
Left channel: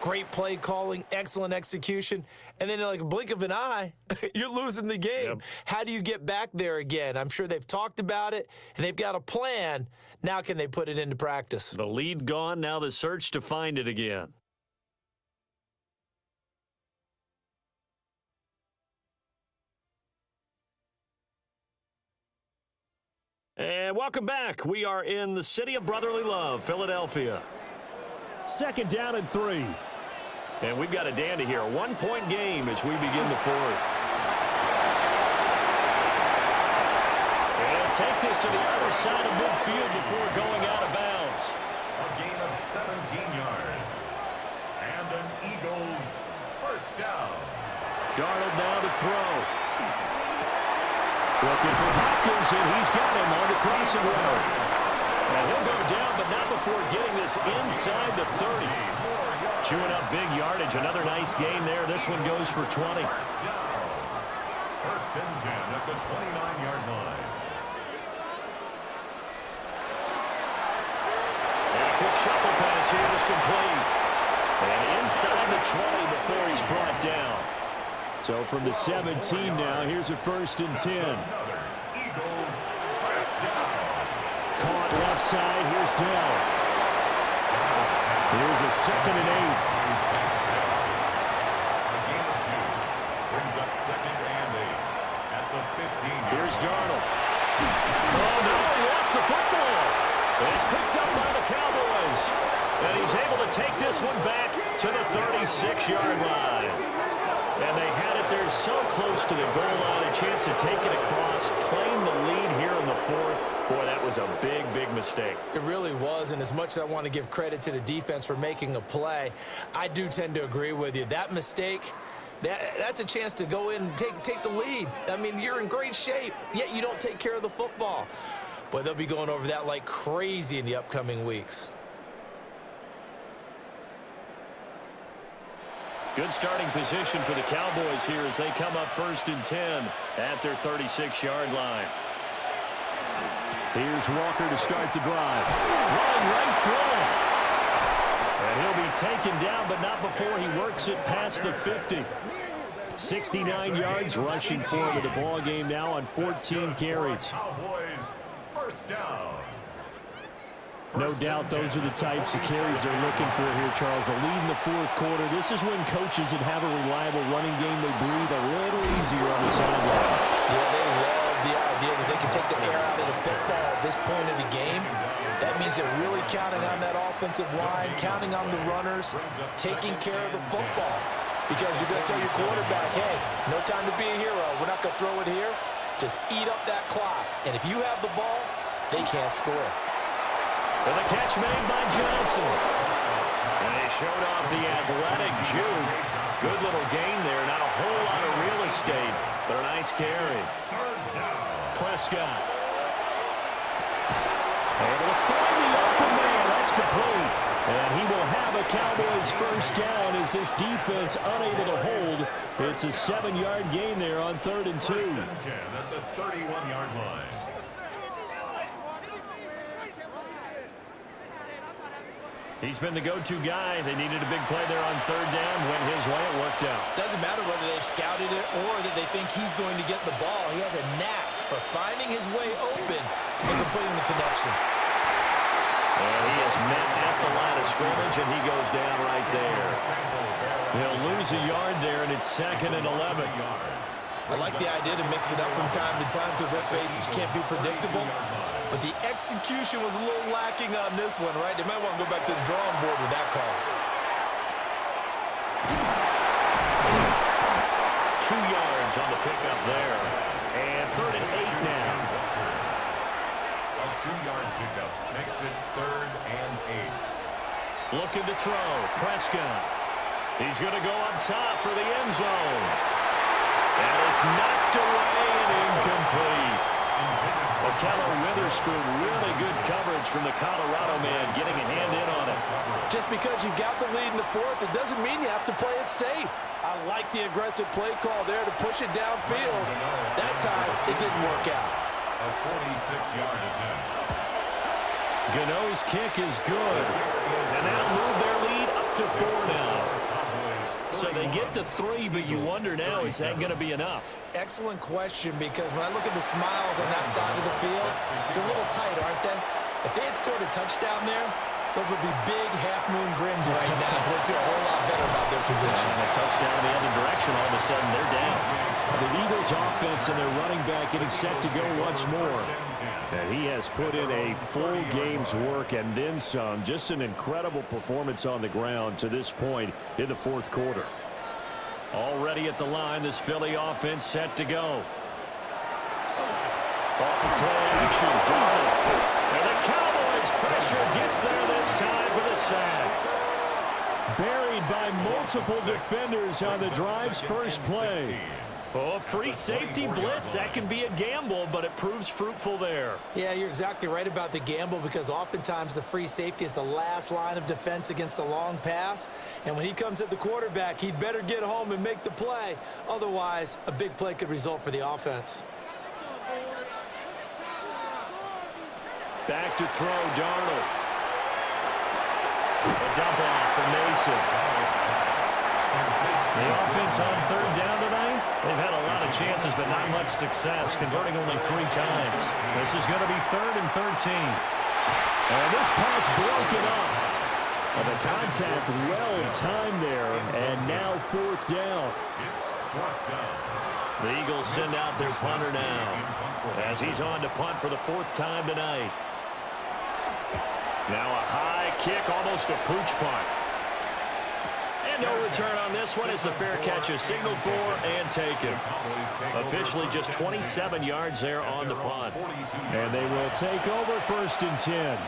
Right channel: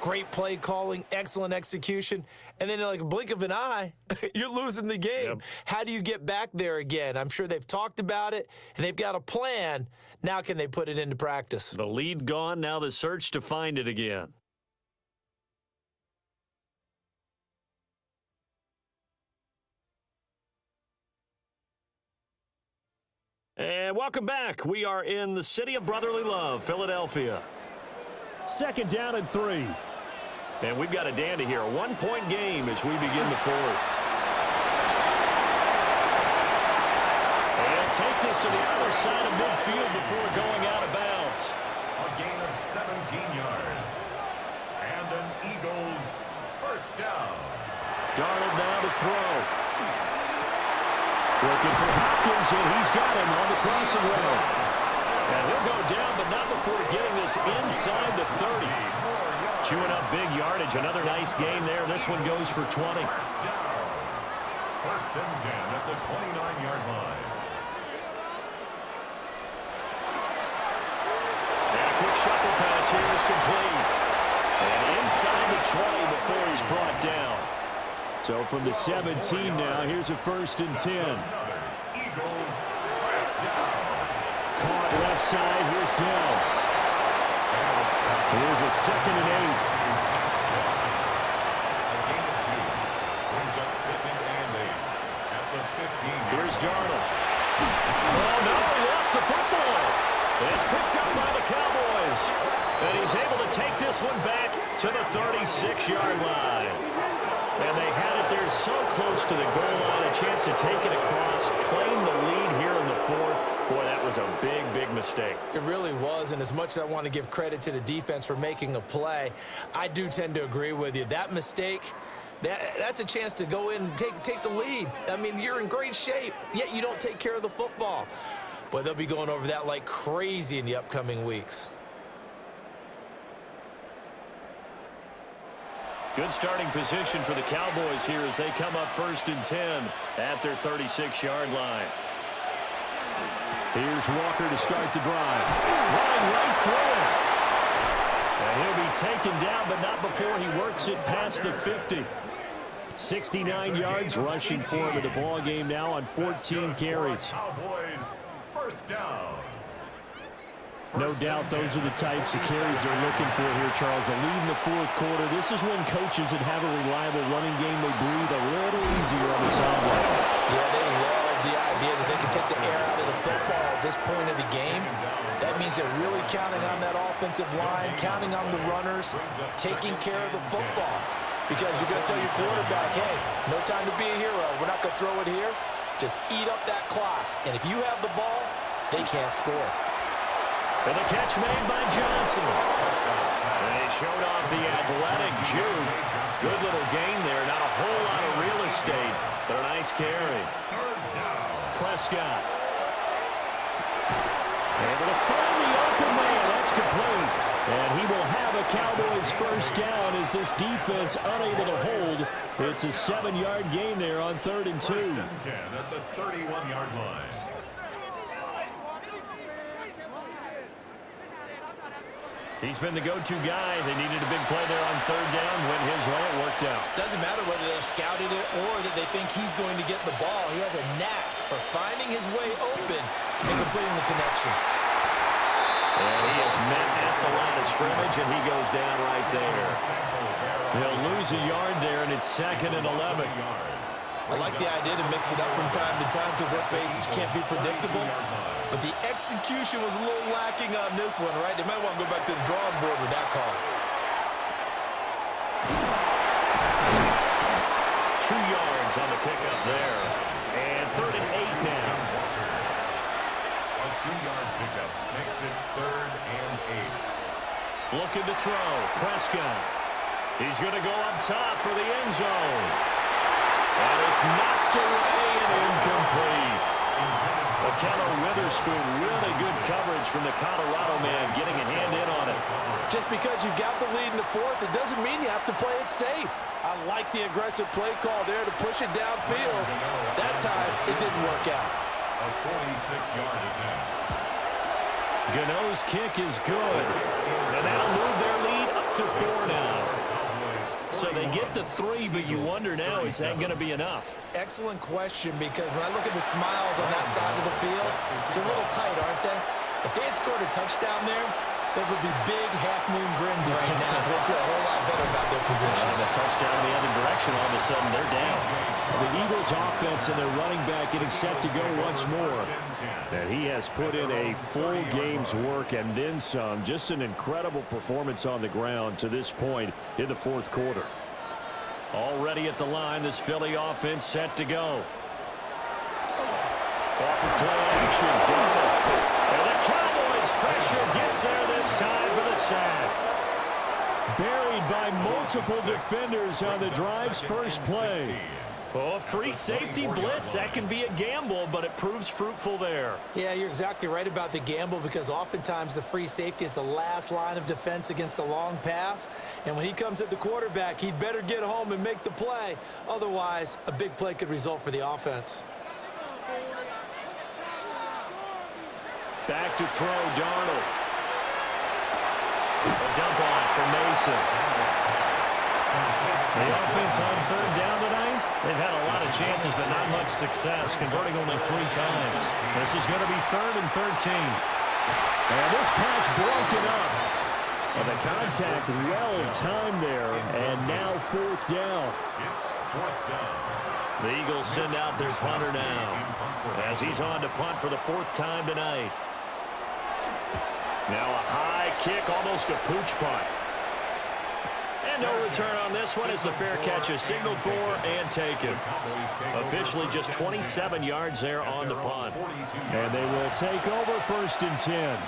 great play calling, excellent execution, and then like a blink of an eye, you're losing the game. Yep. How do you get back there again? I'm sure they've talked about it, and they've got a plan. Now can they put it into practice? The lead gone, now the search to find it again. And welcome back. We are in the city of brotherly love, Philadelphia. Second down and 3. And we've got a dandy here. A 1-point game as we begin the fourth. And take this to the other side of midfield before going out of bounds. A gain of 17 yards. And an Eagles first down. Darnold now to throw. Looking for Hopkins, and he's got him on the crossing route. And he'll go down, but not before getting this inside the 30. Chewing up big yardage. Another nice gain there. This one goes for 20. First and 10 at the 29-yard line. And a quick shuffle pass here is complete. And inside the 20 before he's brought down. So from the 17 now, here's a first and 10. Caught left side, here's Dell. Here's a second and 8. A gain of 2 brings up second and 8 at the 15. Here's Darnold. Oh no, he lost the football. It's picked up by the Cowboys. And he's able to take this one back to the 36-yard line. And they had it there so close to the goal line, a chance to take it across, claim the lead here in the fourth. Boy, that was a big, big mistake. It really was, and as much as I want to give credit to the defense for making a play, I do tend to agree with you. That mistake, that's a chance to go in and take the lead. I mean, you're in great shape, yet you don't take care of the football. Boy, they'll be going over that like crazy in the upcoming weeks. Good starting position for the Cowboys here as they come up 1st and 10 at their 36-yard line. Here's Walker to start the drive. Running right through it. And he'll be taken down, but not before he works it past the 50. 69 yards rushing for him in the ball game now on 14 carries. Cowboys, first down. No doubt those are the types of carries they're looking for here, Charles. The lead in the 4th quarter. This is when coaches that have a reliable running game, they breathe a little easier on the sideline. Yeah, they love the idea that they can take the air out of the football at this point of the game. That means they're really counting on that offensive line, counting on the runners, taking care of the football. Because you're going to tell your quarterback, hey, no time to be a hero. We're not going to throw it here. Just eat up that clock. And if you have the ball, they can't score. And the catch made by Johnson. And he showed off the athletic juke. Good little gain there. Not a whole lot of real estate, but a nice carry. Prescott. Able to find the open man. That's complete. And he will have a Cowboys first down as this defense unable to hold. It's a 7-yard gain there on 3rd and 2. 1st and 10 at the 31-yard line. He's been the go-to guy. They needed a big play there on 3rd down. Went his way. It worked out. Doesn't matter whether they scouted it or that they think he's going to get the ball. He has a knack for finding his way open and completing the connection. And he is met at the line of scrimmage, and he goes down right there. He'll lose a yard there, and it's 2nd and 11. I like the idea to mix it up from time to time because, let's face it, you can't be predictable. But the execution was a little lacking on this one, right? They might want to go back to the drawing board with that call. 2 yards on the pickup there. And 3rd and 8 now. A 2-yard pickup makes it 3rd and 8. Looking to throw. Prescott. He's going to go up top for the end zone. And it's knocked away and incomplete. Okello Witherspoon, really good coverage from the Colorado man, getting a hand in on it. Just because you've got the lead in the 4th, it doesn't mean you have to play it safe. I like the aggressive play call there to push it downfield. That time, it didn't work out. A 46-yard attempt. Gano's kick is good. And that'll move their lead up to 4 now. So they get to 3, but you wonder now, is that going to be enough? Excellent question, because when I look at the smiles on that side of the field, they're a little tight, aren't they? If they had scored a touchdown there, those would be big half-moon grins right now because they feel a whole lot better about their position. And a touchdown in the other direction, all of a sudden they're down. The Eagles offense and their running back getting set to go once more. And he has put in a full game's work and then some. Just an incredible performance on the ground to this point in the 4th quarter. Already at the line, this Philly offense set to go. Off the play action, Darnold. And the Cowboys pressure gets there this time for the sack. Buried by multiple defenders on the drive's first play. Oh, free safety blitz. That can be a gamble, but it proves fruitful there. Yeah, you're exactly right about the gamble because oftentimes the free safety is the last line of defense against a long pass. And when he comes at the quarterback, he'd better get home and make the play. Otherwise, a big play could result for the offense. Back to throw, Darnold. A dump off for Mason. The offense on 3rd down tonight, they've had a lot of chances, but not much success, converting only 3 times. This is going to be 3rd and 13. And this pass broken up. And the contact well timed there, and now 4th down. It's 4th down. The Eagles send out their punter now, as he's on to punt for the 4th time tonight. Now a high kick, almost a pooch punt. And no return on this one as the fair catch is signaled for and taken. Officially just 27 yards there on the punt. And they will take over 1st and 10.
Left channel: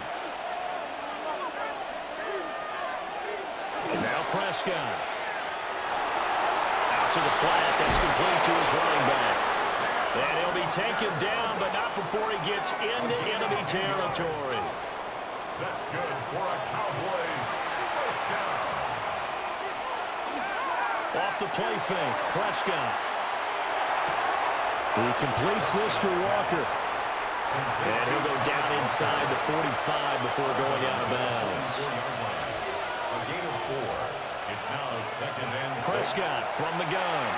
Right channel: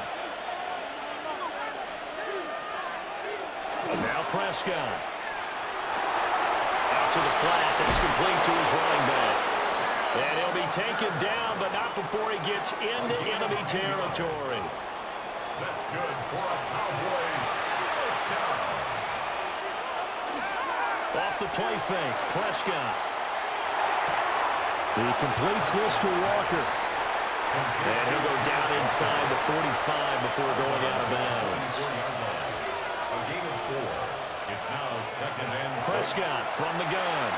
Now Prescott. Out to the flat. That's complete to his running back. And he'll be taken down, but not before he gets into enemy territory. That's good for a Cowboys first down. Off the play fake, Prescott. He completes this to Walker. And he'll go down inside the 45 before going out of bounds. A gain of 4. It's now 2nd and 6. Prescott from the gun.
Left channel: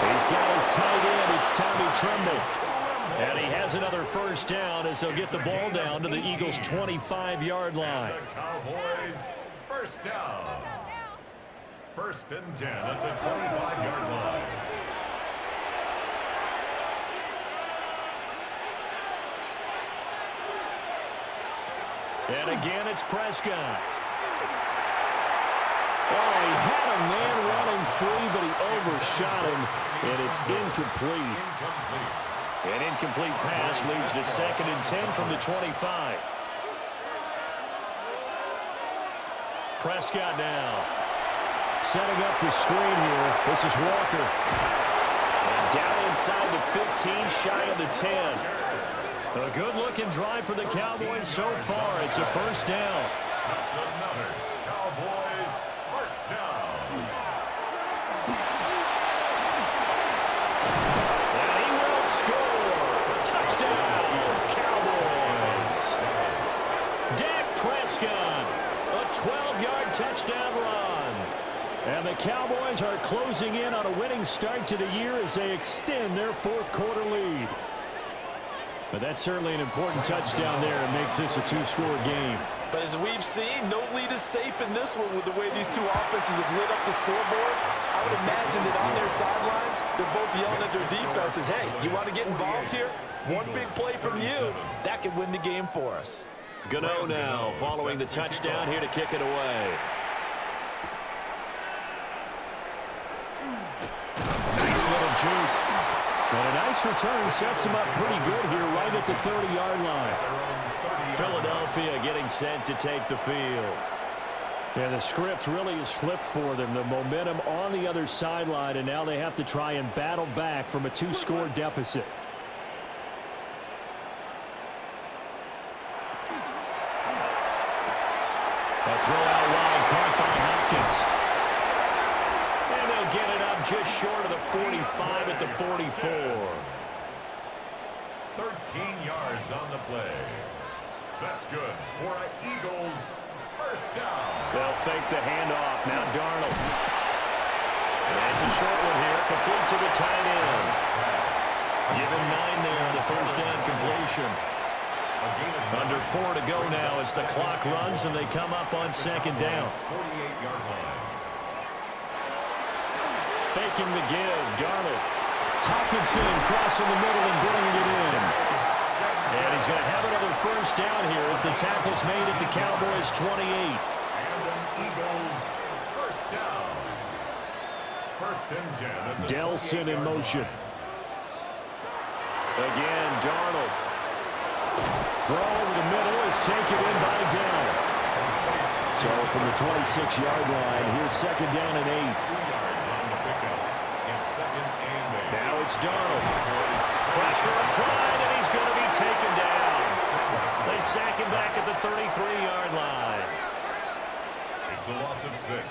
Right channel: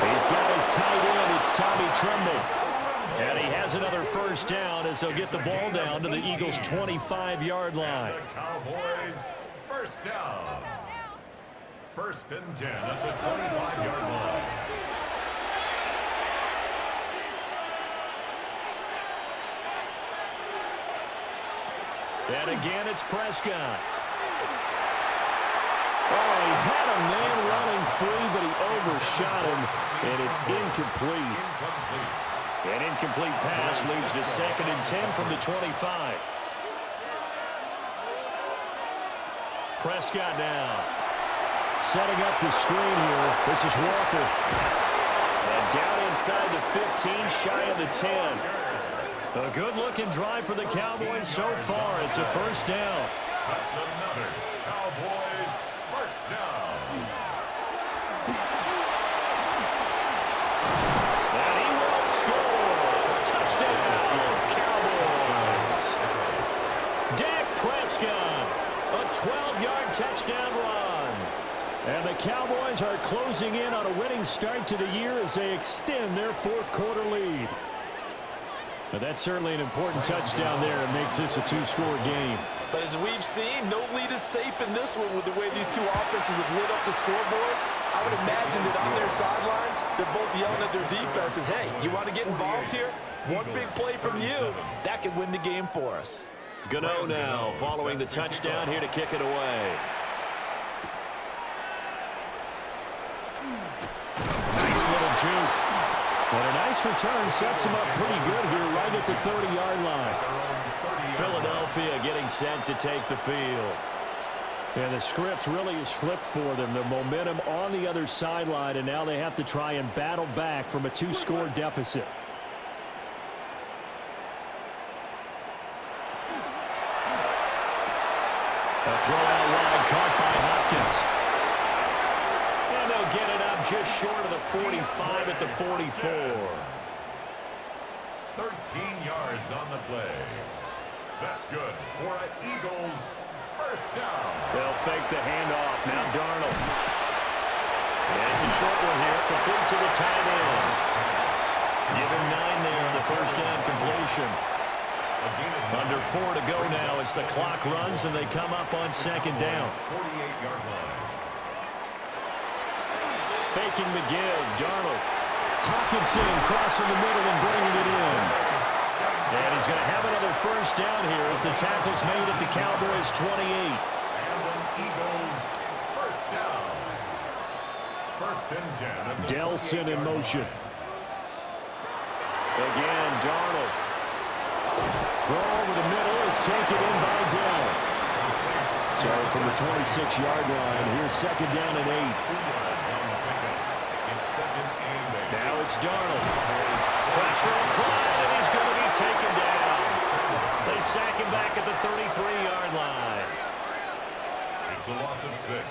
He's got his tight end. It's Tommy Tremble. And he has another first down as he'll get the ball down to the Eagles' 25-yard line. The Cowboys, first down. 1st and 10 at the 25-yard line. And again, it's Prescott. Oh, he had a man running free, but he overshot him, and it's incomplete. An incomplete pass leads to 2nd and 10 from the 25. Prescott now. Setting up the screen here. This is Walker. And down inside the 15, shy of the 10. A good-looking drive for the Cowboys so far. It's a first down. That's another Cowboys first down. And he will score. Touchdown, Cowboys. Dak Prescott, a 12-yard touchdown run. And the Cowboys are closing in on a winning start to the year as they extend their 4th quarter lead. But that's certainly an important touchdown there and makes this a 2-score game. But as we've seen, no lead is safe in this one with the way these two offenses have lit up the scoreboard. I would imagine that on their sidelines, they're both yelling at their defenses, hey, you want to get involved here? One big play from you, that could win the game for us. Gano now following the touchdown here to kick it away. Nice little juke. And a nice return sets him up pretty good here right at the 30-yard line. Philadelphia getting set to take the field. And the script really is flipped for them. The momentum on the other sideline, and now they have to try and battle back from a 2-score deficit. A throw out wide, caught by Hopkins. And they'll get it up just short of the 45 at the 44. 13 yards on the play. That's good for an Eagles first down. They'll fake the handoff. Now Darnold. And it's a short one here, complete to the tight end. Give him 9 there on the first down completion. Under 4 to go now as the clock runs and they come up on 2nd down. 48-yard line. Faking the give, Darnold. Hockenson crossing the middle and bringing it in. And he's going to have another first down here as the tackle's made at the Cowboys' 28. And an Eagles first down. 1st and 10 at the Delson in motion. Again, Darnold. Throw over the middle is taken in by Dell. So from the 26-yard line, here's 2nd down and 8. 2 yards on the pickup. It's 2nd and 8. Now it's Darnold. Pressure applied, and he's going to be taken down. They sack him back at the 33-yard line. It's a loss of 6.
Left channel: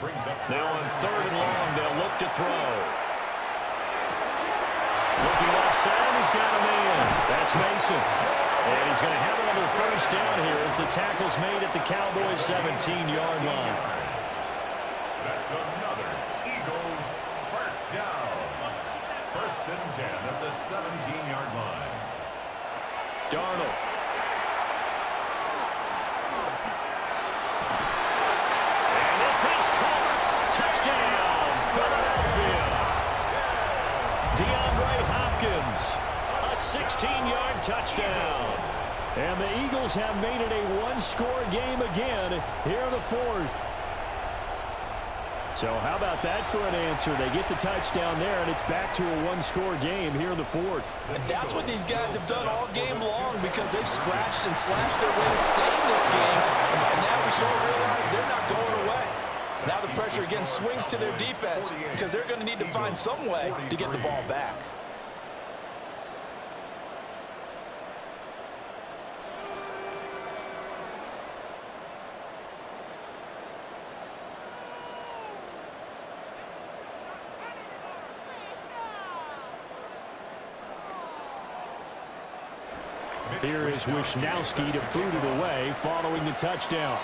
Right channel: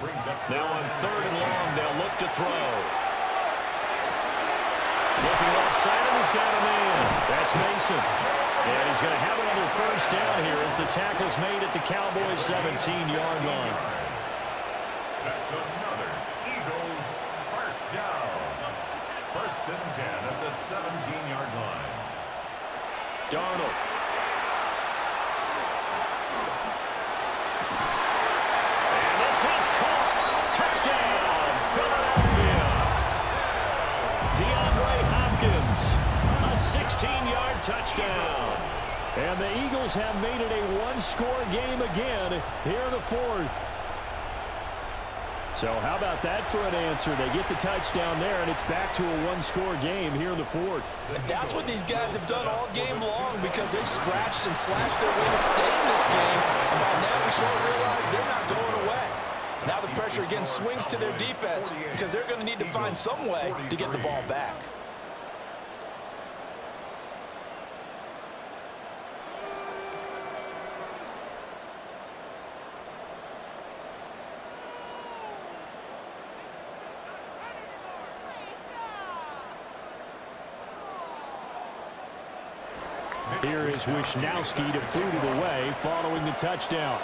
Brings up now on 3rd and long, they'll look to throw. Looking left side, and he's got a man. That's Mason. And he's going to have another first down here as the tackle's made at the Cowboys' 17-yard line. That's another Eagles first down. 1st and 10 at the 17-yard line. Darnold. And this is caught. Touchdown, Philadelphia. DeAndre Hopkins. A 16-yard touchdown. And the Eagles have made it a 1-score game again here in the 4th. So how about that for an answer? They get the touchdown there, and it's back to a 1-score game here in the 4th. And that's what these guys have done all game long because they've scratched and slashed their way to stay in this game. And by now we should all realize they're not going away. Now the pressure again swings to their defense because they're going to need to find some way to get the ball back. Here is Wisnowski to boot it away following the touchdown.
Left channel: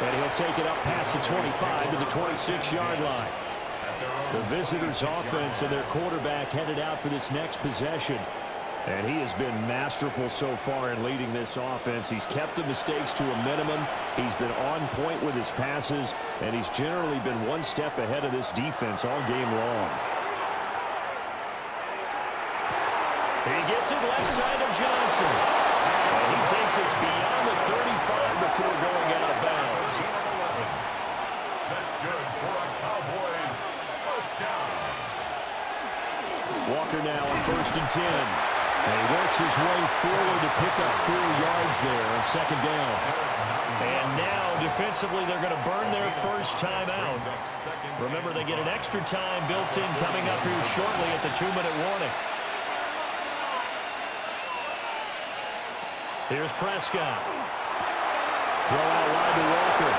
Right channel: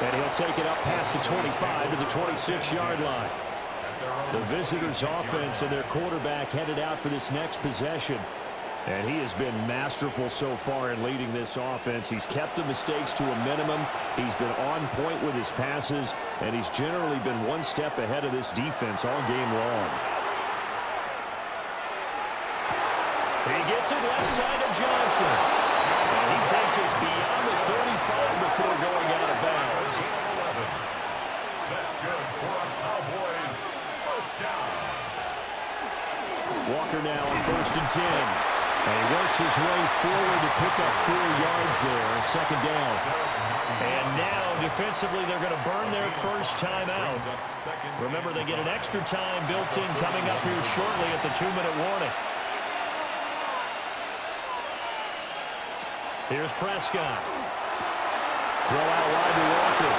And he'll take it up past the 25 to the 26-yard line. The visitors' offense and their quarterback headed out for this next possession. And he has been masterful so far in leading this offense. He's kept the mistakes to a minimum. He's been on point with his passes, and he's generally been one step ahead of this defense all game long. He gets it left side of Johnson. And he takes us beyond the 35 before going out of bounds. That's good for a Cowboys first down. Walker now on 1st and 10. And he works his way forward to pick up 4 yards there, second down. And now, defensively, they're going to burn their first timeout. Remember, they get an extra time built in coming up here shortly at the 2-minute warning. Here's Prescott. Throw out wide to Walker.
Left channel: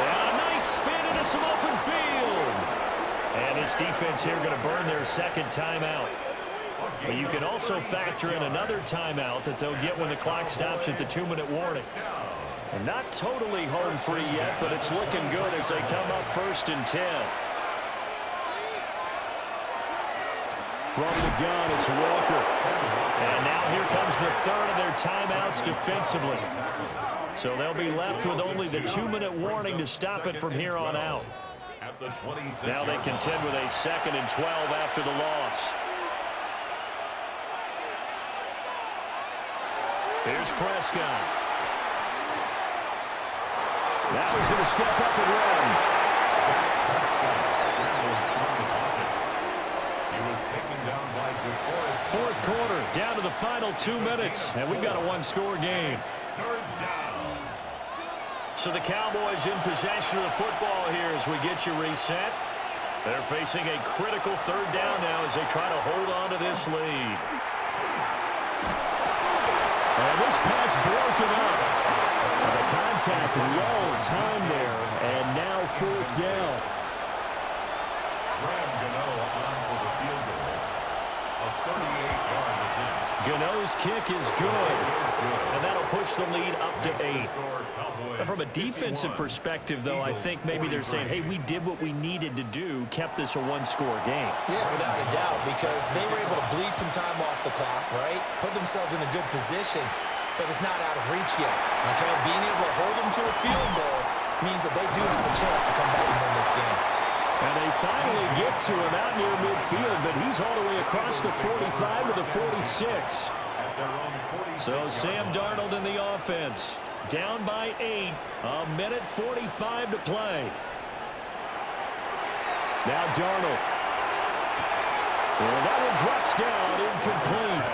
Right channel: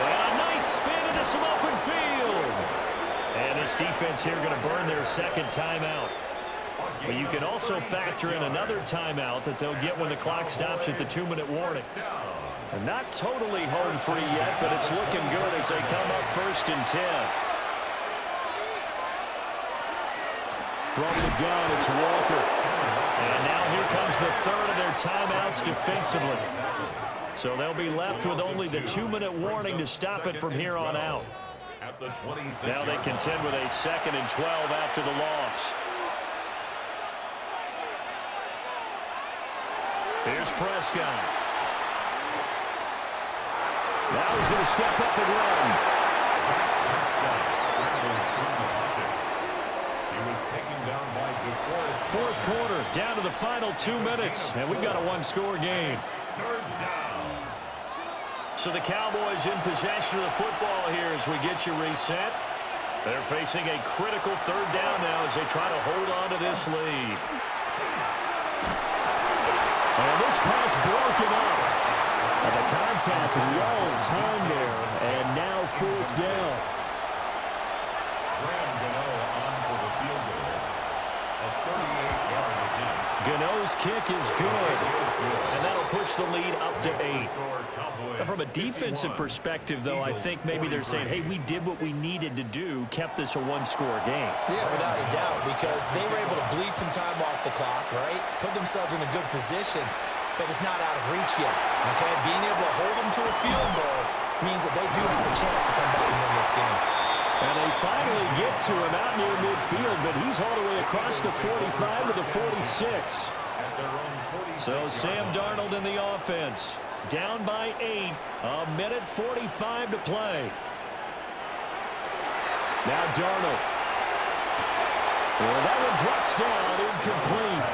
And a nice spin into some open field. And this defense here going to burn their second timeout. But you can also factor in another timeout that they'll get when the clock stops at the 2-minute warning. And not totally home free yet, but it's looking good as they come up 1st and 10. From the gun, it's Walker. And now here comes the third of their timeouts defensively. So they'll be left with only the 2-minute warning to stop it from here on out. Now they contend with a 2nd and 12 after the loss. Here's Prescott. Now he's going to step up and run. Prescott scrambles from the pocket. He was taken down by DeForest. Fourth quarter, down to the final 2 minutes, and we've got a one-score game. Third down. So the Cowboys in possession of the football here as we get you reset. They're facing a critical third down now as they try to hold on to this lead. And this pass broken up. And the contact well timed there. And now 4th down. On for the field goal. A 38-yard attempt. Gano's kick is good. And that'll push the lead up to 8. Now, from a defensive perspective, though, I think maybe they're saying, hey, we did what we needed to do, kept this a one-score game. Yeah, without a doubt, because they were able to bleed some time off the clock, right? Put themselves in a good position, but it's not out of reach yet, okay? Being able to hold them to a field goal means that they do have a chance to come back and win this game. And they finally get to him out near midfield, but he's all the way across the 45 to the 46. So Sam Darnold in the offense. Down by 8. A minute 45 to play. Now Darnold. And that one drops down, incomplete.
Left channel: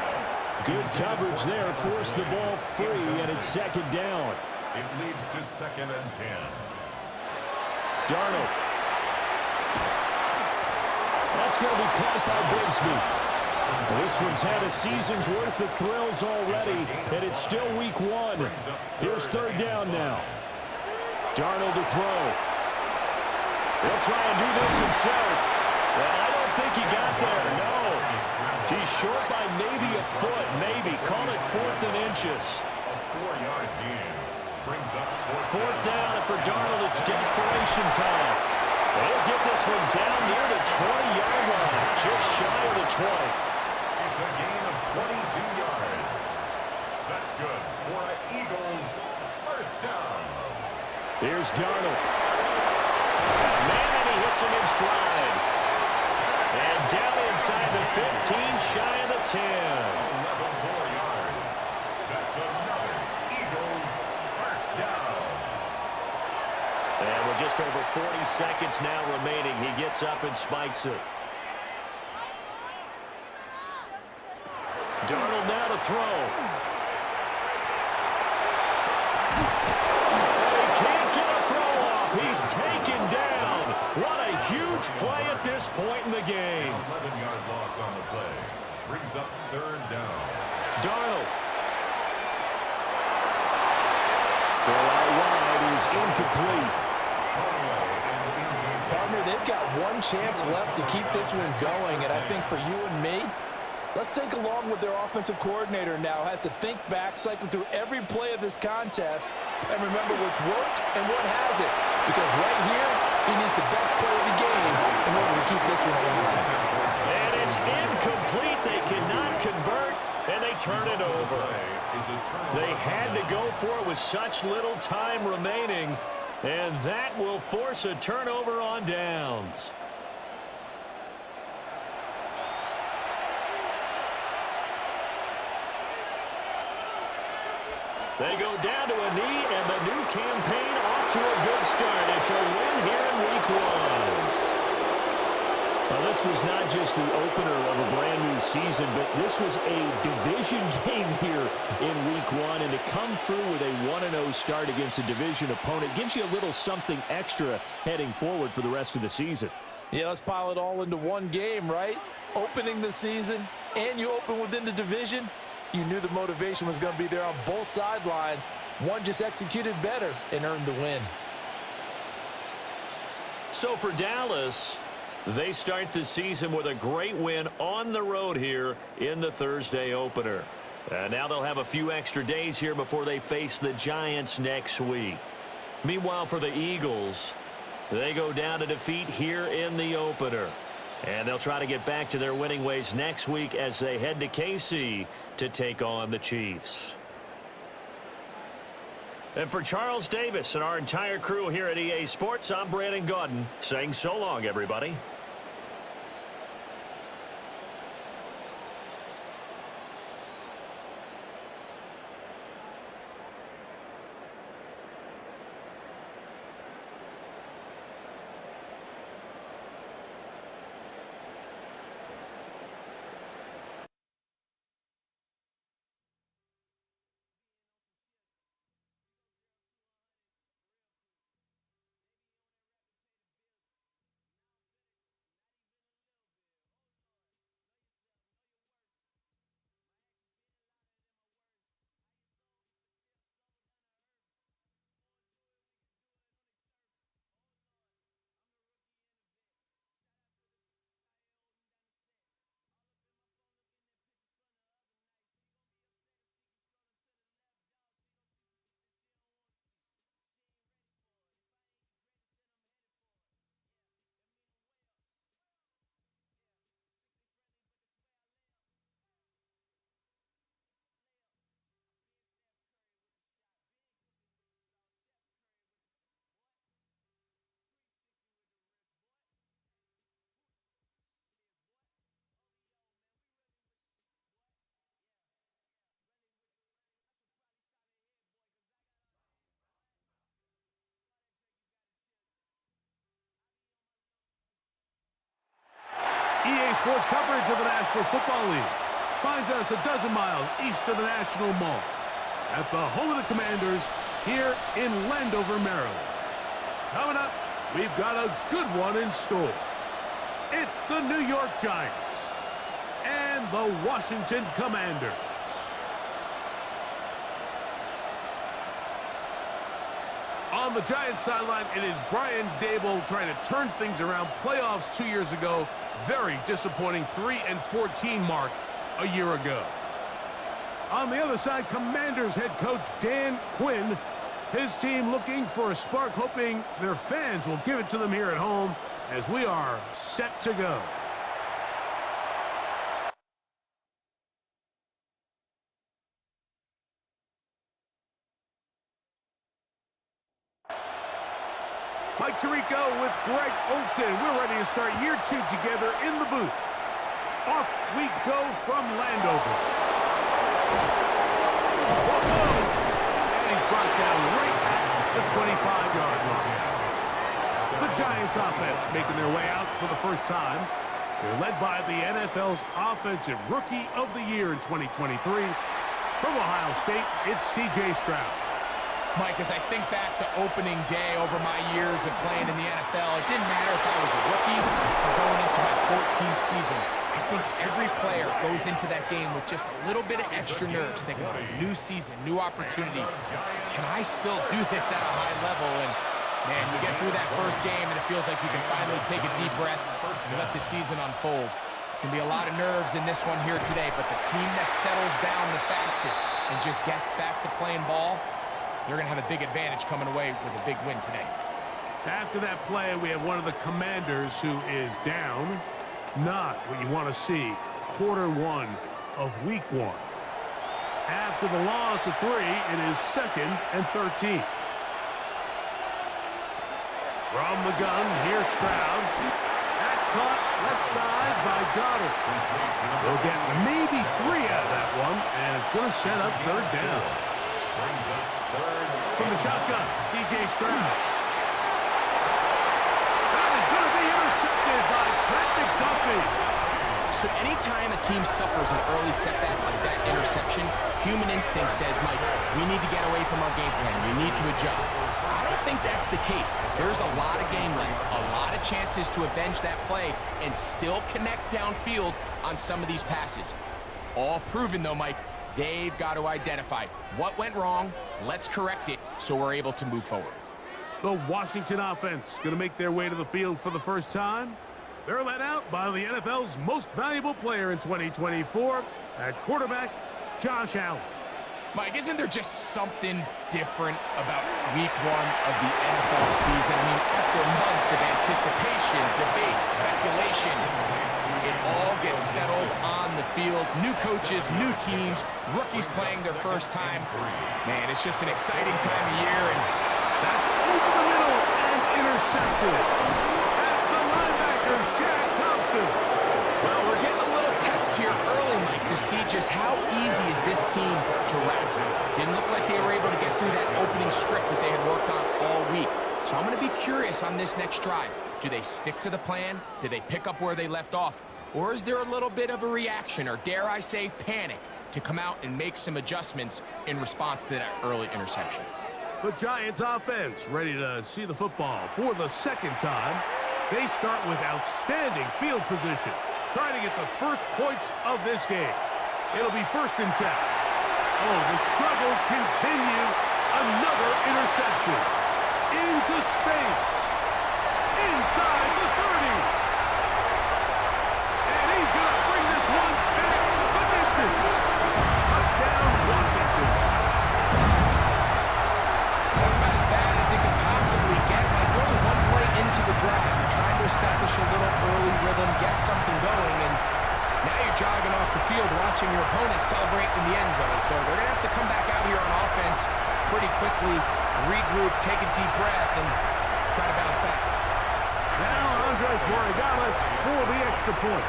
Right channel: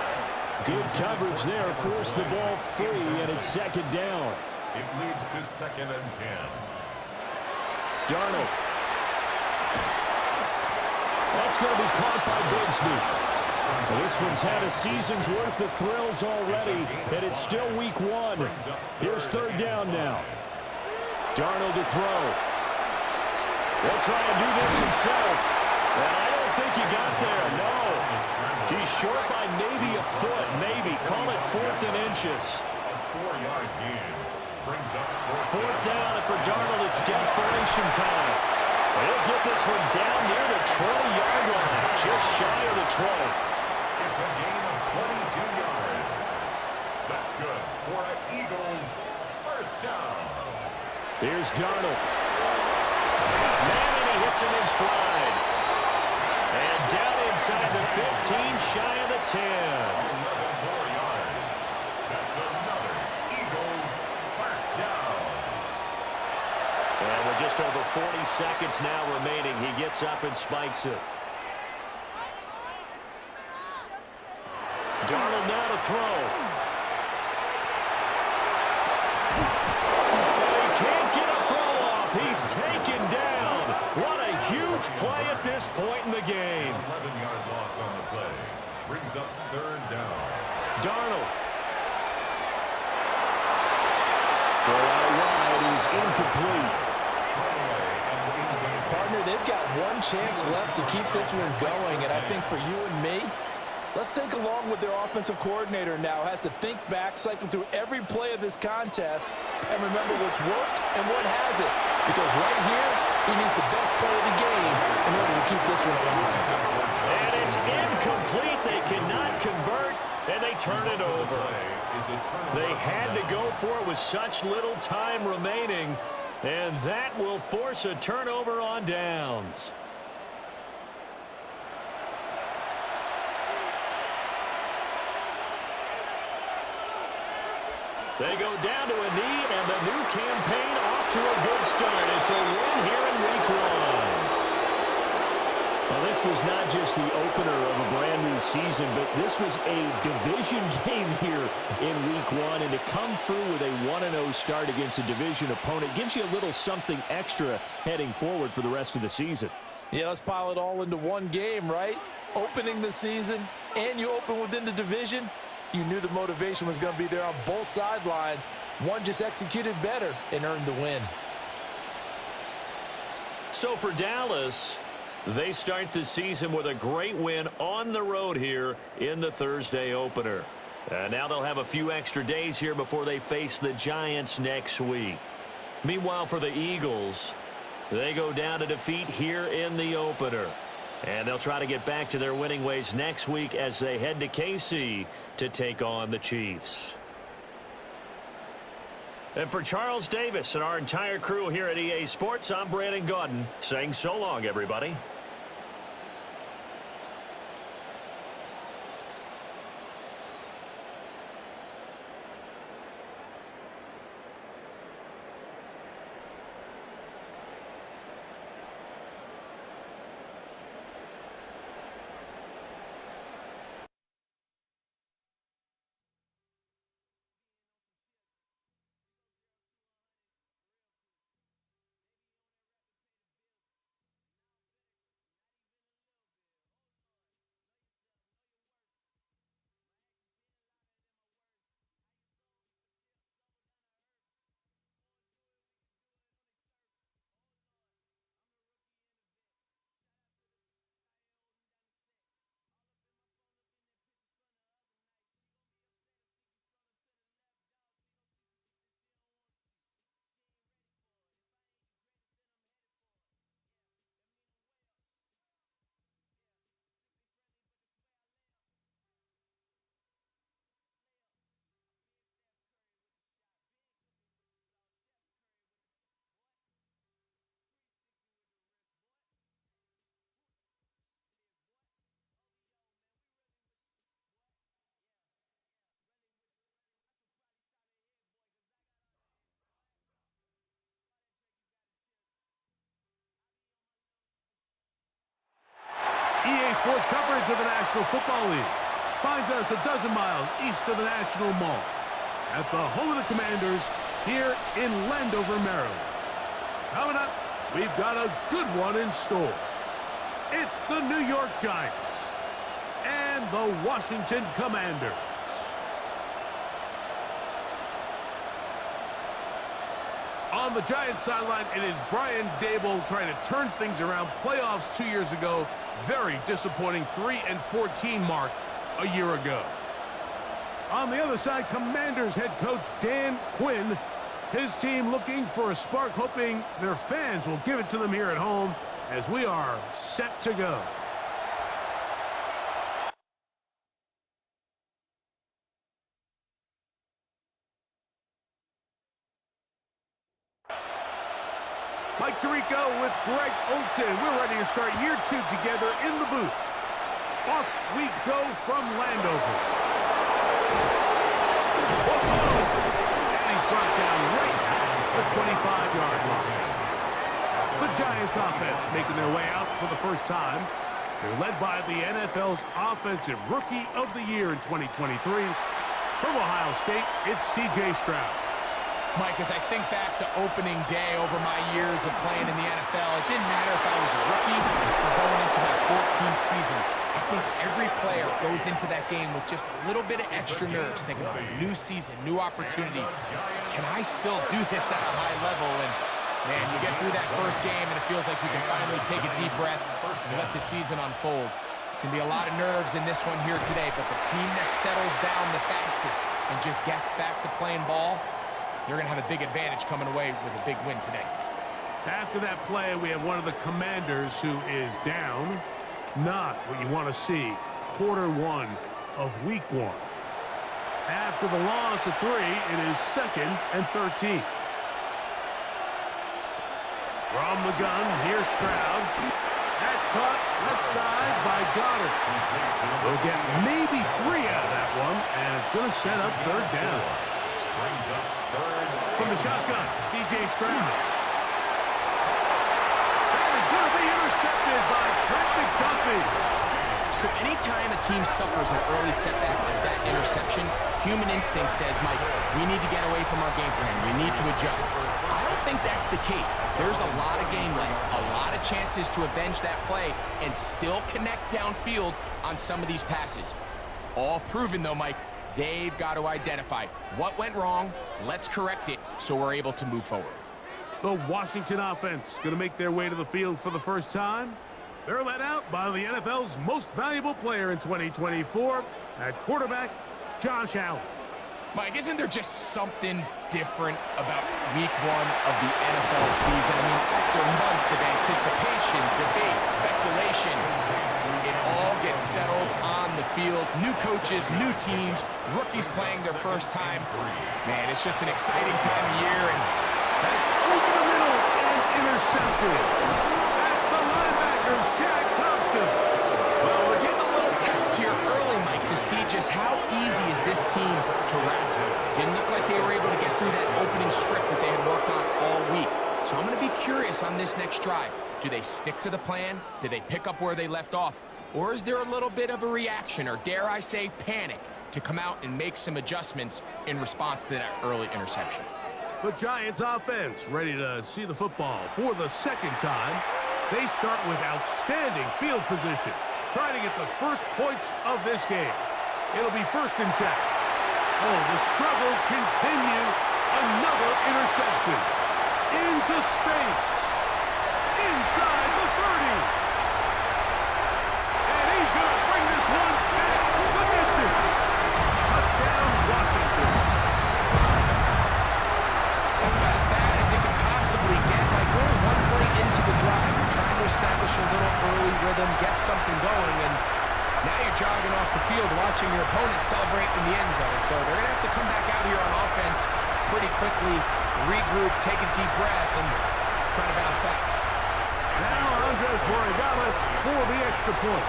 Good coverage there, forced the ball free, and it's 2nd down. It leads to 2nd and 10. Darnold. That's going to be caught by Bigsby. This one's had a season's worth of thrills already, and it's still week 1. Here's 3rd down now. Darnold to throw. He'll try and do this himself. And I don't think he got there, no. He's short by maybe a foot, maybe. Call it 4th and inches. A 4-yard gain brings up 4th down, and for Darnold, it's desperation time. He'll get this one down near the 20-yard line, just shy of the 20. It's a gain of 22 yards. That's good for an Eagles first down. Here's Darnold. Got a man, and he hits him in stride. And down inside the 15, shy of the 10. 11 more yards. That's another Eagles first down. And with just over 40 seconds now remaining, he gets up and spikes it. Darnold now to throw. And he can't get a throw off. He's taken down. What a huge play at this point in the game. 11-yard loss on the play. Brings up 3rd down. Darnold. Throw out wide is incomplete. Partner, they've got one chance left to keep this one going, and I think for you and me, let's think along with their offensive coordinator now. Has to think back, cycle through every play of this contest, and remember what's worked and what hasn't. Because right here, he needs the best play of the game in order to keep this one alive. And it's incomplete. They cannot convert, and they turn it over. They had to go for it with such little time remaining, and that will force a turnover on downs. They go down to a knee, and the new campaign off to a good start. It's a win here in Week 1. Well, this was not just the opener of a brand-new season, but this was a division game here in Week 1, and to come through with a 1-0 start against a division opponent gives you a little something extra heading forward for the rest of the season. Yeah, let's pile it all into one game, right? Opening the season, and you open within the division. You knew the motivation was going to be there on both sidelines. One just executed better and earned the win. So for Dallas, they start the season with a great win on the road here in the Thursday opener. Now they'll have a few extra days here before they face the Giants next week. Meanwhile, for the Eagles, they go down to defeat here in the opener. And they'll try to get back to their winning ways next week as they head to KC to take on the Chiefs. And for Charles Davis and our entire crew here at EA Sports, I'm Brandon Gaudin saying so long, everybody. EA Sports coverage of the National Football League finds us a dozen miles east of the National Mall at the home of the Commanders here in Landover, Maryland. Coming up, we've got a good one in store. It's the New York Giants and the Washington Commanders. On the Giants sideline, it is Brian Daboll trying to turn things around. Playoffs 2 years ago. Very disappointing 3-14 mark a year ago. On the other side, Commanders head coach Dan Quinn. His team looking for a spark, hoping their fans will give it to them here at home as we are set to go. Mike Tirico with Greg Olsen. We're ready to start year 2 together in the booth. Off we go from Landover. Whoa! And he's brought down right at the 25-yard line. The Giants offense making their way out for the first time. They're led by the NFL's Offensive Rookie of the Year in 2023. From Ohio State, it's CJ Stroud. Mike, as I think back to opening day over my years of playing in the NFL, it didn't matter if I was a rookie or going into my 14th season. I think every player goes into that game with just a little bit of extra nerves, thinking, oh, new season, new opportunity. Can I still do this at a high level? And Man, you get through that first game, and it feels like you can finally take a deep breath and let the season unfold. It's going to be a lot of nerves in this one here today, but the team that settles down the fastest and just gets back to playing ball, they're going to have a big advantage coming away with a big win today. After that play, we have one of the commanders who is down. Not what you want to see. Quarter one of week one. After the loss of 3, it is 2nd and 13. From the gun, here's Stroud. That's caught left side by Goddard. They'll get maybe 3 out of that one, and it's going to set up 3rd down. From the shotgun, CJ Stroud. That is going to be intercepted by Trent McDuffie. So anytime a team suffers an early setback like that interception, human instinct says, Mike, we need to get away from our game plan. We need to adjust. I don't think that's the case. There's a lot of game left, a lot of chances to avenge that play and still connect downfield on some of these passes. All proven, though, Mike, they've got to identify what went wrong, let's correct it so we're able to move forward. The Washington offense going to make their way to the field for the first time. They're led out by the NFL's most valuable player in 2024 at quarterback, Josh Allen. Mike, isn't there just something different about week one of the NFL season? I mean, after months of anticipation, debate, speculation, it all gets settled on the field. New coaches, new teams, rookies playing their first time. Man, it's just an exciting time of year. And that's over the middle and intercepted. That's the linebacker, Shaq Thompson. Well, we're getting a little test here early, Mike, to see just how easy is this team to wrap. Didn't look like they were able to get through that opening script that they had worked on all week. So I'm going to be curious on this next drive. Do they stick to the plan? Do they pick up where they left off? Or is there a little bit of a reaction, or dare I say panic, to come out and make some adjustments in response to that early interception? The Giants offense ready to see the football for the second time. They start with outstanding field position, trying to get the first points of this game. It'll be 1st and 10. Oh, the struggles continue. Another interception. Into space. Inside the 30. And he's going to bring this one back the distance. Touchdown, Washington. That's about as bad as it can possibly get. Like, really one play into the drive. You're trying to establish a little early rhythm, get something going, and now you're jogging off the field watching your opponent celebrate in the end zone. So they're going to have to come back out here on offense pretty quickly, regroup, take a deep breath, and try to bounce back. Now Andres Borregales for the extra point.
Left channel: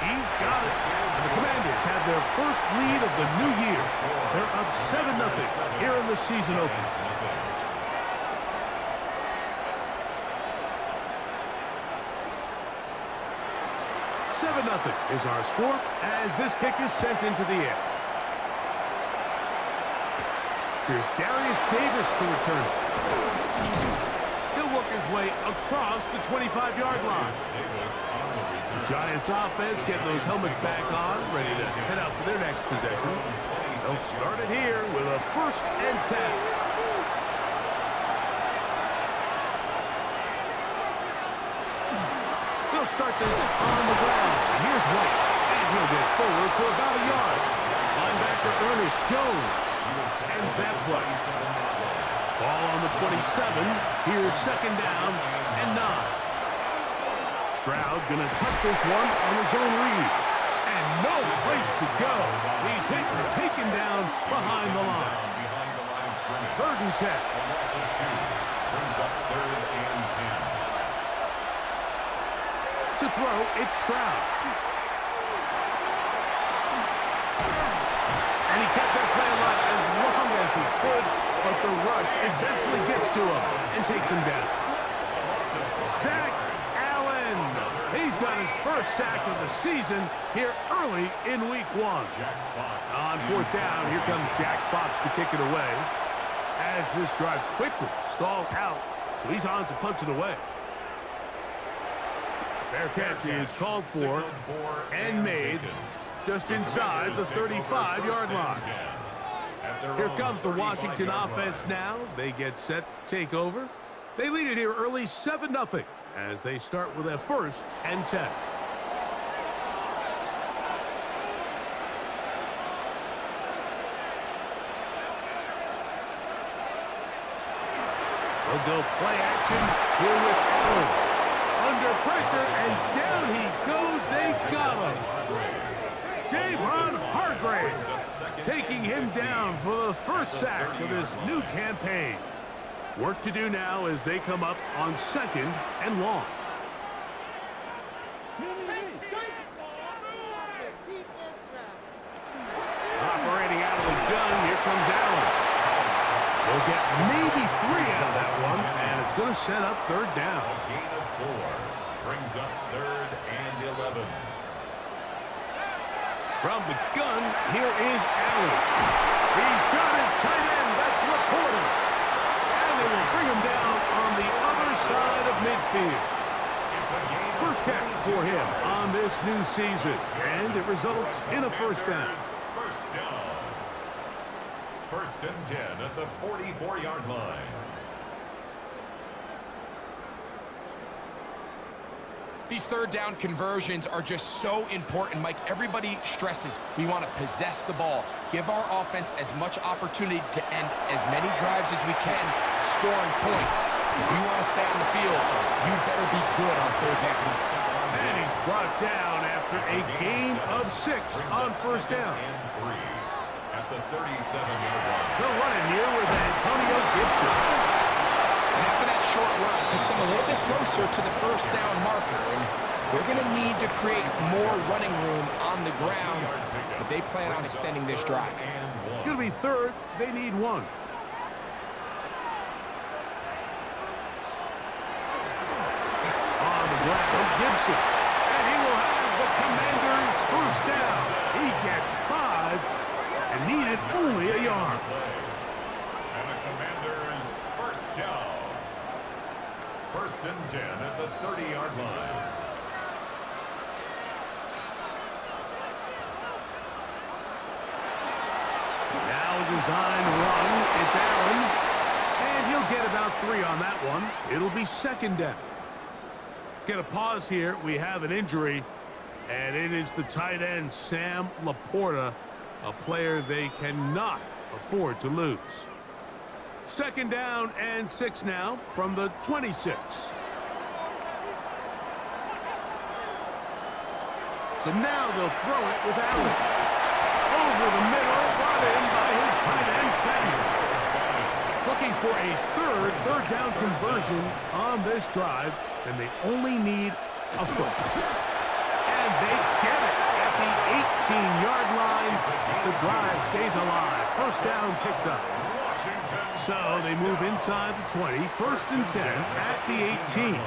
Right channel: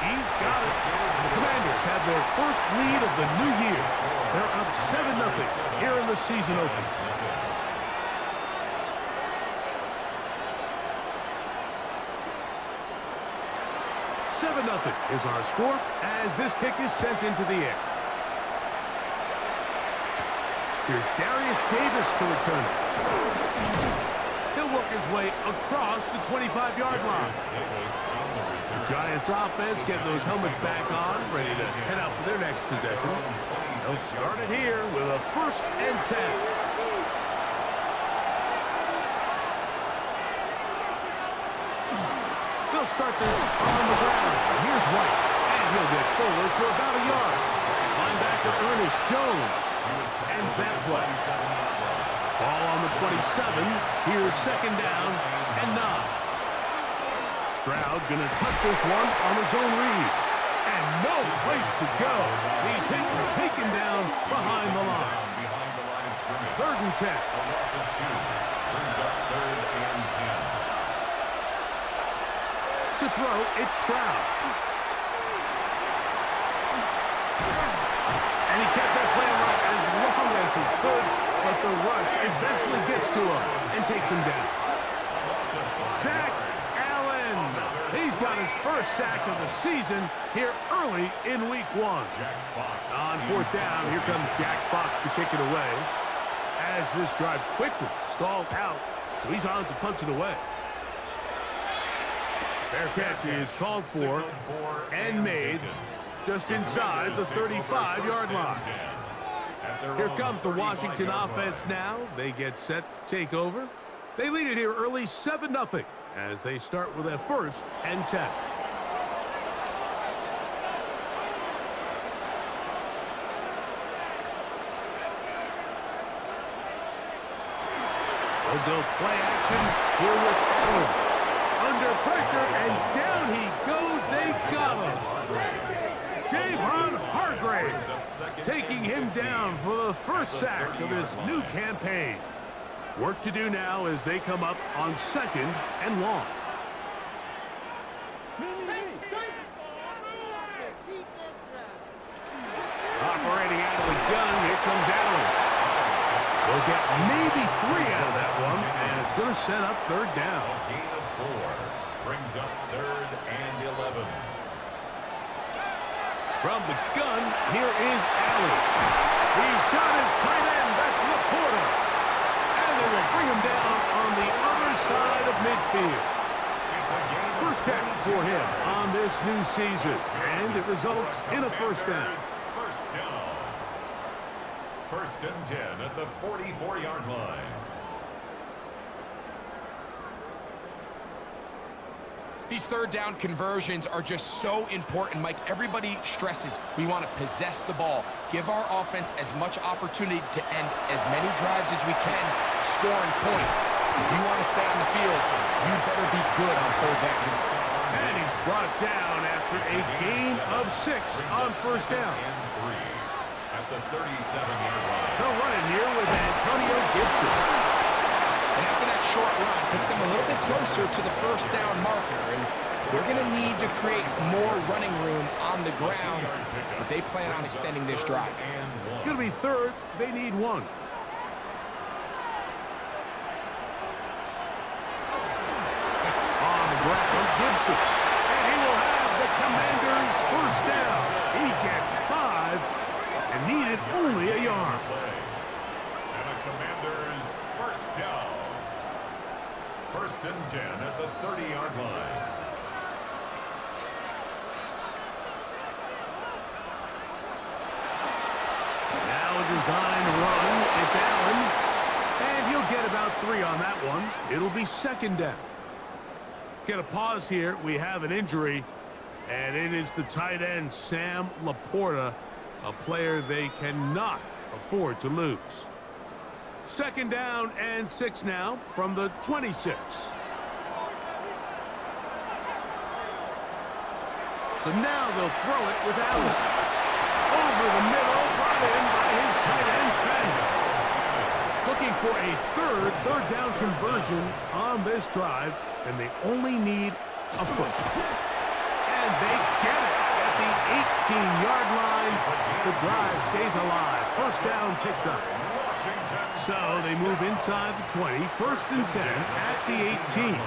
He's got it. And the Commanders have their first lead of the new year. They're up 7-0 here in the season opener. $7-0 is our score as this kick is sent into the air. Here's Darius Davis to return it. He'll work his way across the 25-yard line. The Giants offense getting those helmets back on, ready to head out for their next possession. They'll start it here with a 1st and 10. They'll start this on the ground. Here's White, and he'll get forward for about a yard. Linebacker Ernest Jones ends that play. Ball on the 27. Here's 2nd down and 9. Stroud gonna tuck this one on his own read. And no place to go. He's hit and taken down behind the line. 3rd and 10. A loss of 2 brings up 3rd and 10. To throw, it's Stroud. And he kept that play alive as long as he could, but the rush eventually gets to him and takes him down. Zach Allen. He's got his first sack of the season here early in week 1. On 4th down, here comes Jack Fox to kick it away. As this drive quickly stalled out, so he's on to punch it away. Fair catch is called for and made just inside the 35-yard line. Here comes the Washington offense now. They get set to take over. They lead it here early 7-0 as they start with a 1st and 10. They'll go play action here with Allen. Under pressure, and down he goes. They got him. Javon Hargrave taking him down for the first sack of this new campaign. Work to do now as they come up on 2nd and long. Operating out of the gun, here comes Allen. They'll get maybe 3 out of that one, and it's going to set up 3rd down. A gain of 4 brings up 3rd and 11. From the gun, here is Allen. He's got his tight end. That's Laporta. And they will bring him down on the other side of midfield. First catch for him on this new season, and it results in a 1st down. First down. 1st and 10 at the 44-yard line. These 3rd down conversions are just so important, Mike. Everybody stresses we want to possess the ball, give our offense as much opportunity to end as many drives as we can, scoring points. If you want to stay on the field, you better be good on 3rd down. And he's brought down after a gain of 6 on 1st down. At the 37-yard line. They'll run it here with Antonio Gibson. And after that short run, puts them a little bit closer to the 1st down marker. And they're going to need to create more running room on the ground if they plan on extending this drive. It's going to be 3rd. They need 1. On the ground, Gibson. And he will have the Commanders' 1st down. He gets 5 and needed only a yard. And the Commanders' 1st down. 1st and 10 at the 30-yard line. Now a design run. It's Allen. And he'll get about 3 on that one. It'll be 2nd down. Get a pause here. We have an injury. And it is the tight end, Sam Laporta, a player they cannot afford to lose. 2nd down and 6 now from the 26. So now they'll throw it with Allen. Over the middle, brought in by his tight end, Fumble. Looking for a 3rd down conversion on this drive, and they only need a foot. And they get it at the 18-yard line. The drive stays alive. 1st down picked up. So they move inside the 20. 1st and 10 at the 18.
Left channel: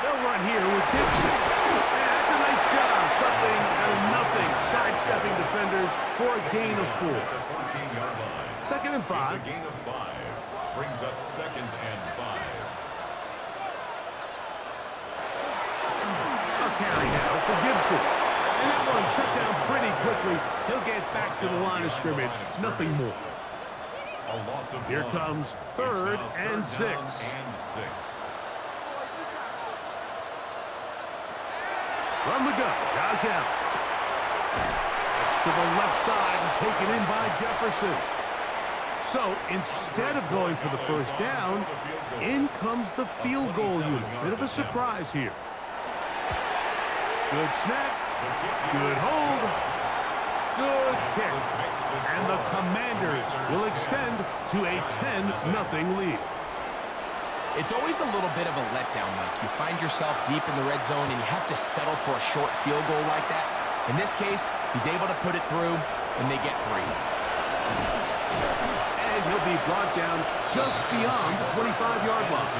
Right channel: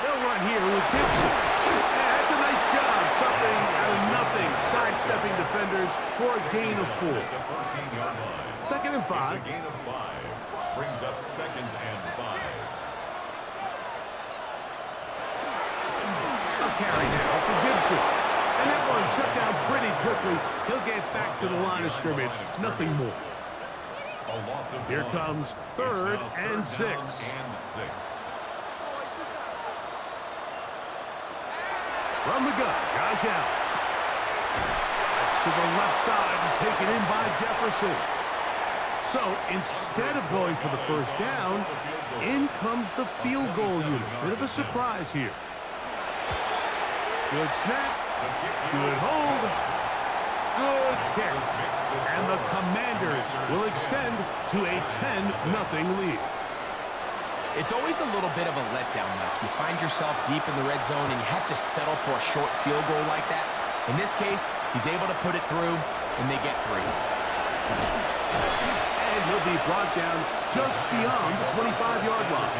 They'll run here with Gibson. Yeah, that's a nice job. Something out of nothing. Sidestepping defenders for a gain of 4. 2nd and 5. It's a gain of 5. Brings up 2nd and 5. A carry now for Gibson. And that one shut down pretty quickly. He'll get back to the line of scrimmage. Nothing more. A loss of Here 1. comes 3rd and 6. From the gun, Jauan. That's to the left side and taken in by Jefferson. So instead of going for the 1st down, in comes the field goal unit. Bit of a surprise here. Good snap. Good hold. Good kick. And the Commanders will extend to a 10-0 lead. It's always a little bit of a letdown, Mike. You find yourself deep in the red zone and you have to settle for a short field goal like that. In this case, he's able to put it through, and they get 3. And he'll be brought down just beyond the 25-yard line.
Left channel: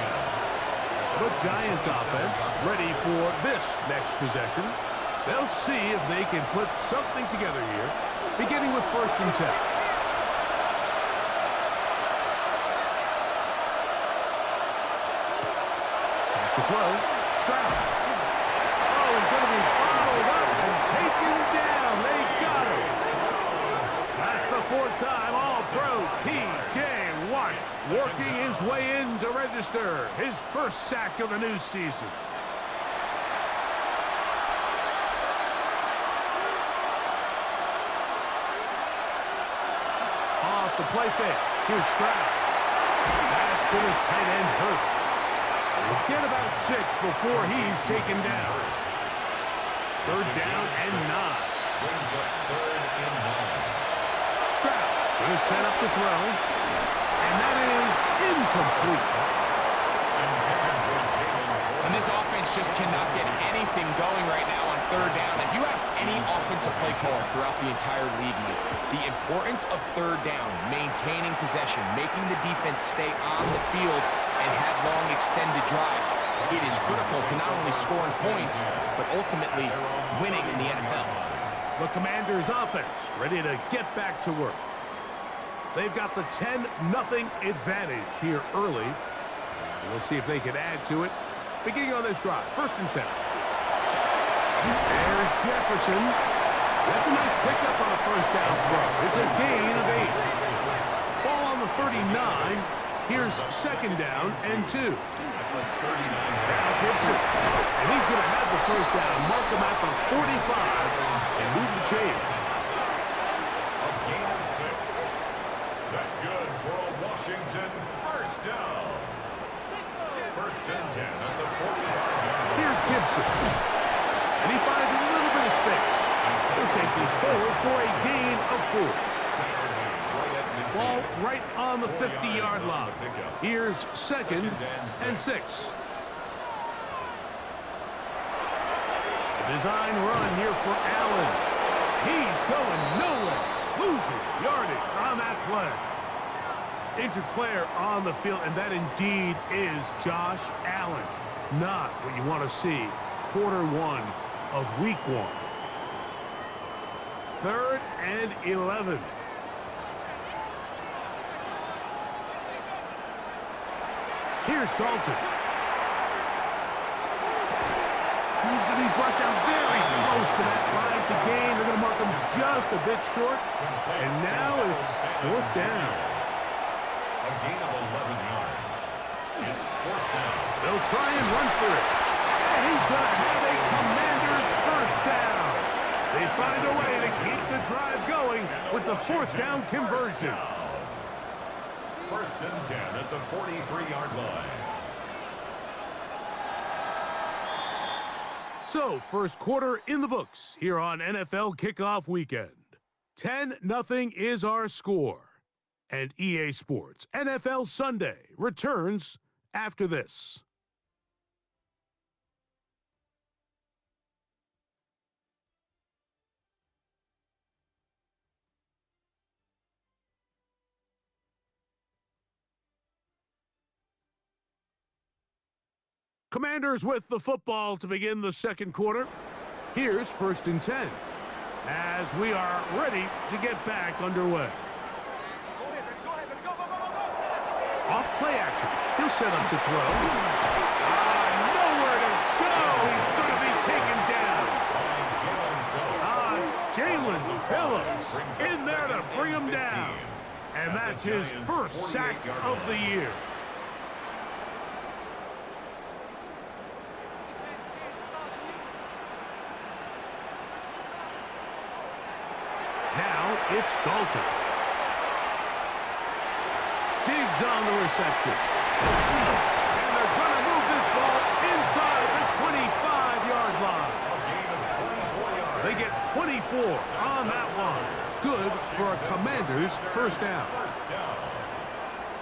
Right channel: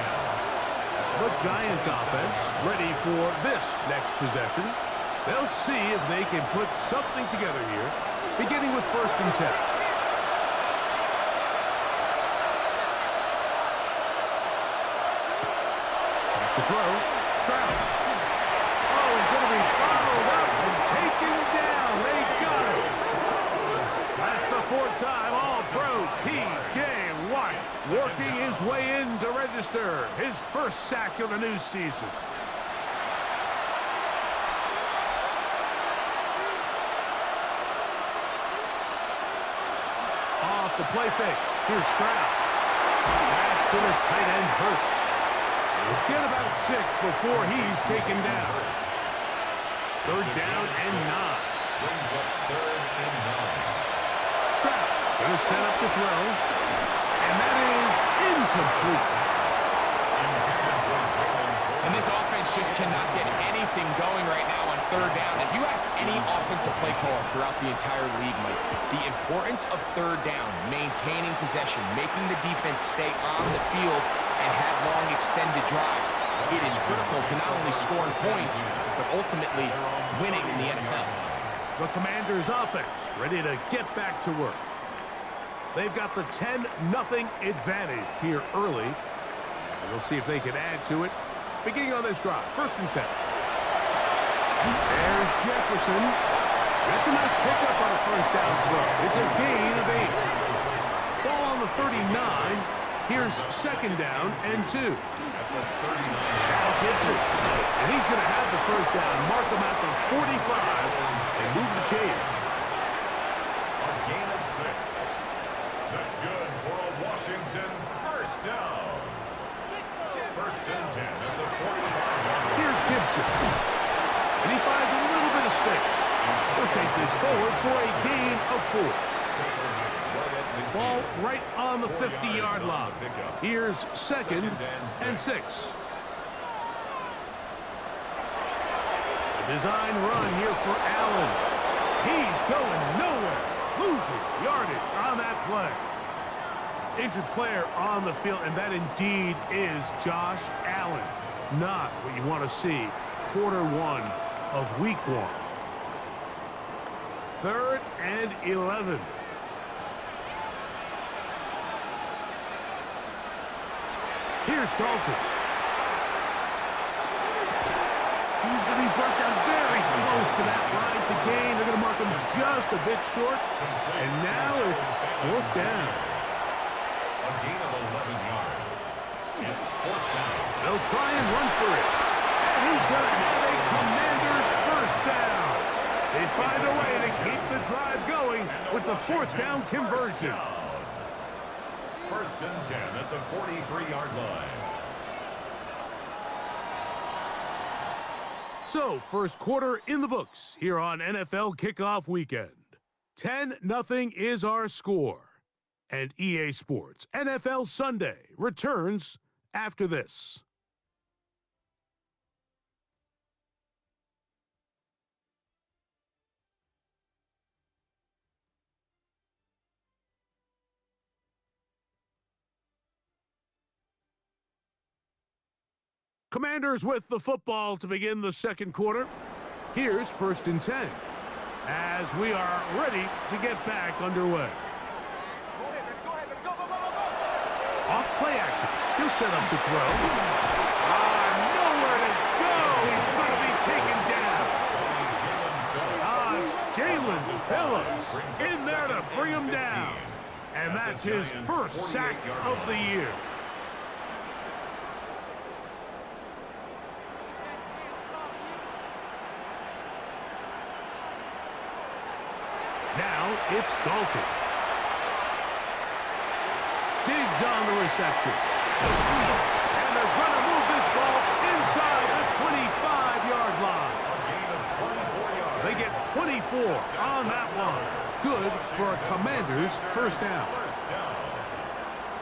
The Giants offense ready for this next possession. They'll see if they can put something together here, beginning with 1st and 10. To throw, Stroud. is going to be bottled up and taken down. They got him. That's the fourth time All-Pro TJ Watt working his way in to register his first sack of the new season. Off the play fake. Here's Stroud. That's to the tight end, Hurst. He'll get about 6 before he's taken down. Third down and 9. Brings up 3rd and 9. Stroud going to set up the throw. And that is incomplete. And this offense just cannot get anything going right now on 3rd down. If you ask any offensive play caller throughout the entire league, Mike, the importance of 3rd down, maintaining possession, making the defense stay on the field and have long extended drives, it is critical to not only scoring points, but ultimately winning in the NFL. The Commanders' offense ready to get back to work. They've got the 10-0 advantage here early. And we'll see if they can add to it. Beginning on this drive, 1st and 10. There's Jefferson. That's a nice pickup on a 1st down throw. It's a gain of 8. Ball on the 39. Here's 2nd down and 2. Now Gibson. And he's going to have the 1st down. Mark him at the 45 and move the change. A gain of 6. That's good for a Washington 1st down. 1st and 10 at the 45-yard line. Here's Gibson. And he finds a little bit of space. He'll take this forward for a gain of 4. Ball right on the 50-yard line. Here's 2nd and 6. The design run here for Allen. He's going nowhere. Losing yardage on that play. Injured player on the field, and that indeed is Josh Allen. Not what you want to see quarter 1 of week 1. 3rd and 11. Here's Dalton. He's going to be brought down very close to that line to gain. They're going to mark him just a bit short. And now it's 4th down. A gain of 11 yards. It's 4th down. They'll try and run for it. And he's going to have a Commanders 1st down. They find a way to keep the drive going with the 4th down conversion. 1st and 10 at the 43-yard line. So, first quarter in the books here on NFL Kickoff Weekend. 10-0 is our score. And EA Sports NFL Sunday returns after this. Commanders with the football to begin the second quarter. Here's 1st and 10 as we are ready to get back underway. Off play action. He'll set up to throw. Nowhere to go. He's going to be taken down. Jalen Phillips in there to bring him down. And that's his first sack of the year. Now it's Dalton. Diggs on the reception. And they're going to move this ball inside the 25-yard line. They get 24 on that one. Good for a Commanders 1st down.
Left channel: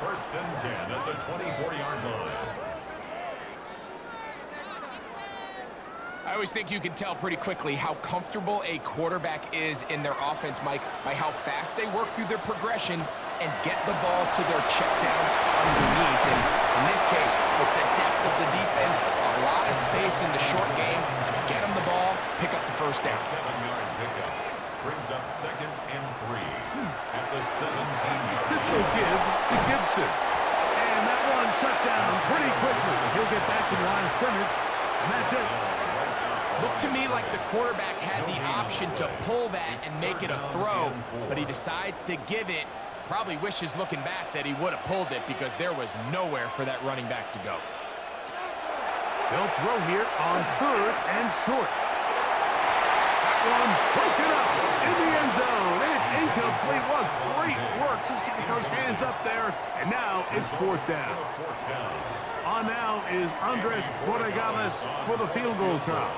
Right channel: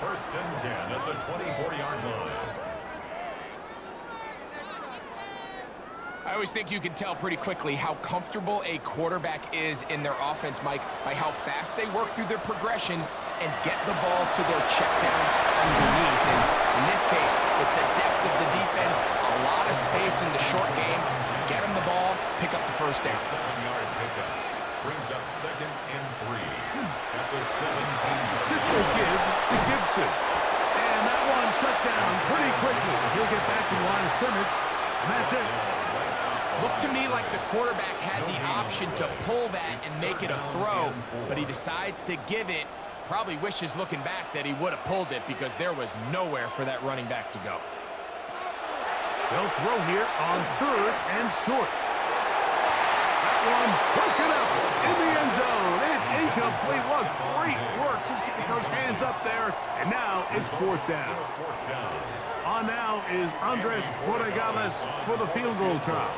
1st and 10 at the 24-yard line. I always think you can tell pretty quickly how comfortable a quarterback is in their offense, Mike, by how fast they work through their progression and get the ball to their check down underneath. And in this case, with the depth of the defense, a lot of space in the short game, get them the ball, pick up the 1st down. 7-yard pickup brings up 2nd and 3 at the 17-yard. This will give to Gibson. And that one shut down pretty quickly. He'll get back to the line of scrimmage, and that's it. Looked to me like the quarterback had the option to pull that and make it a throw, but he decides to give it. Probably wishes looking back that he would have pulled it because there was nowhere for that running back to go. They'll throw here on 3rd and short. That one broken up in the end zone. It's incomplete. What great work just to get those hands up there. And now it's 4th down. On now is Andres Borregales for the field goal try.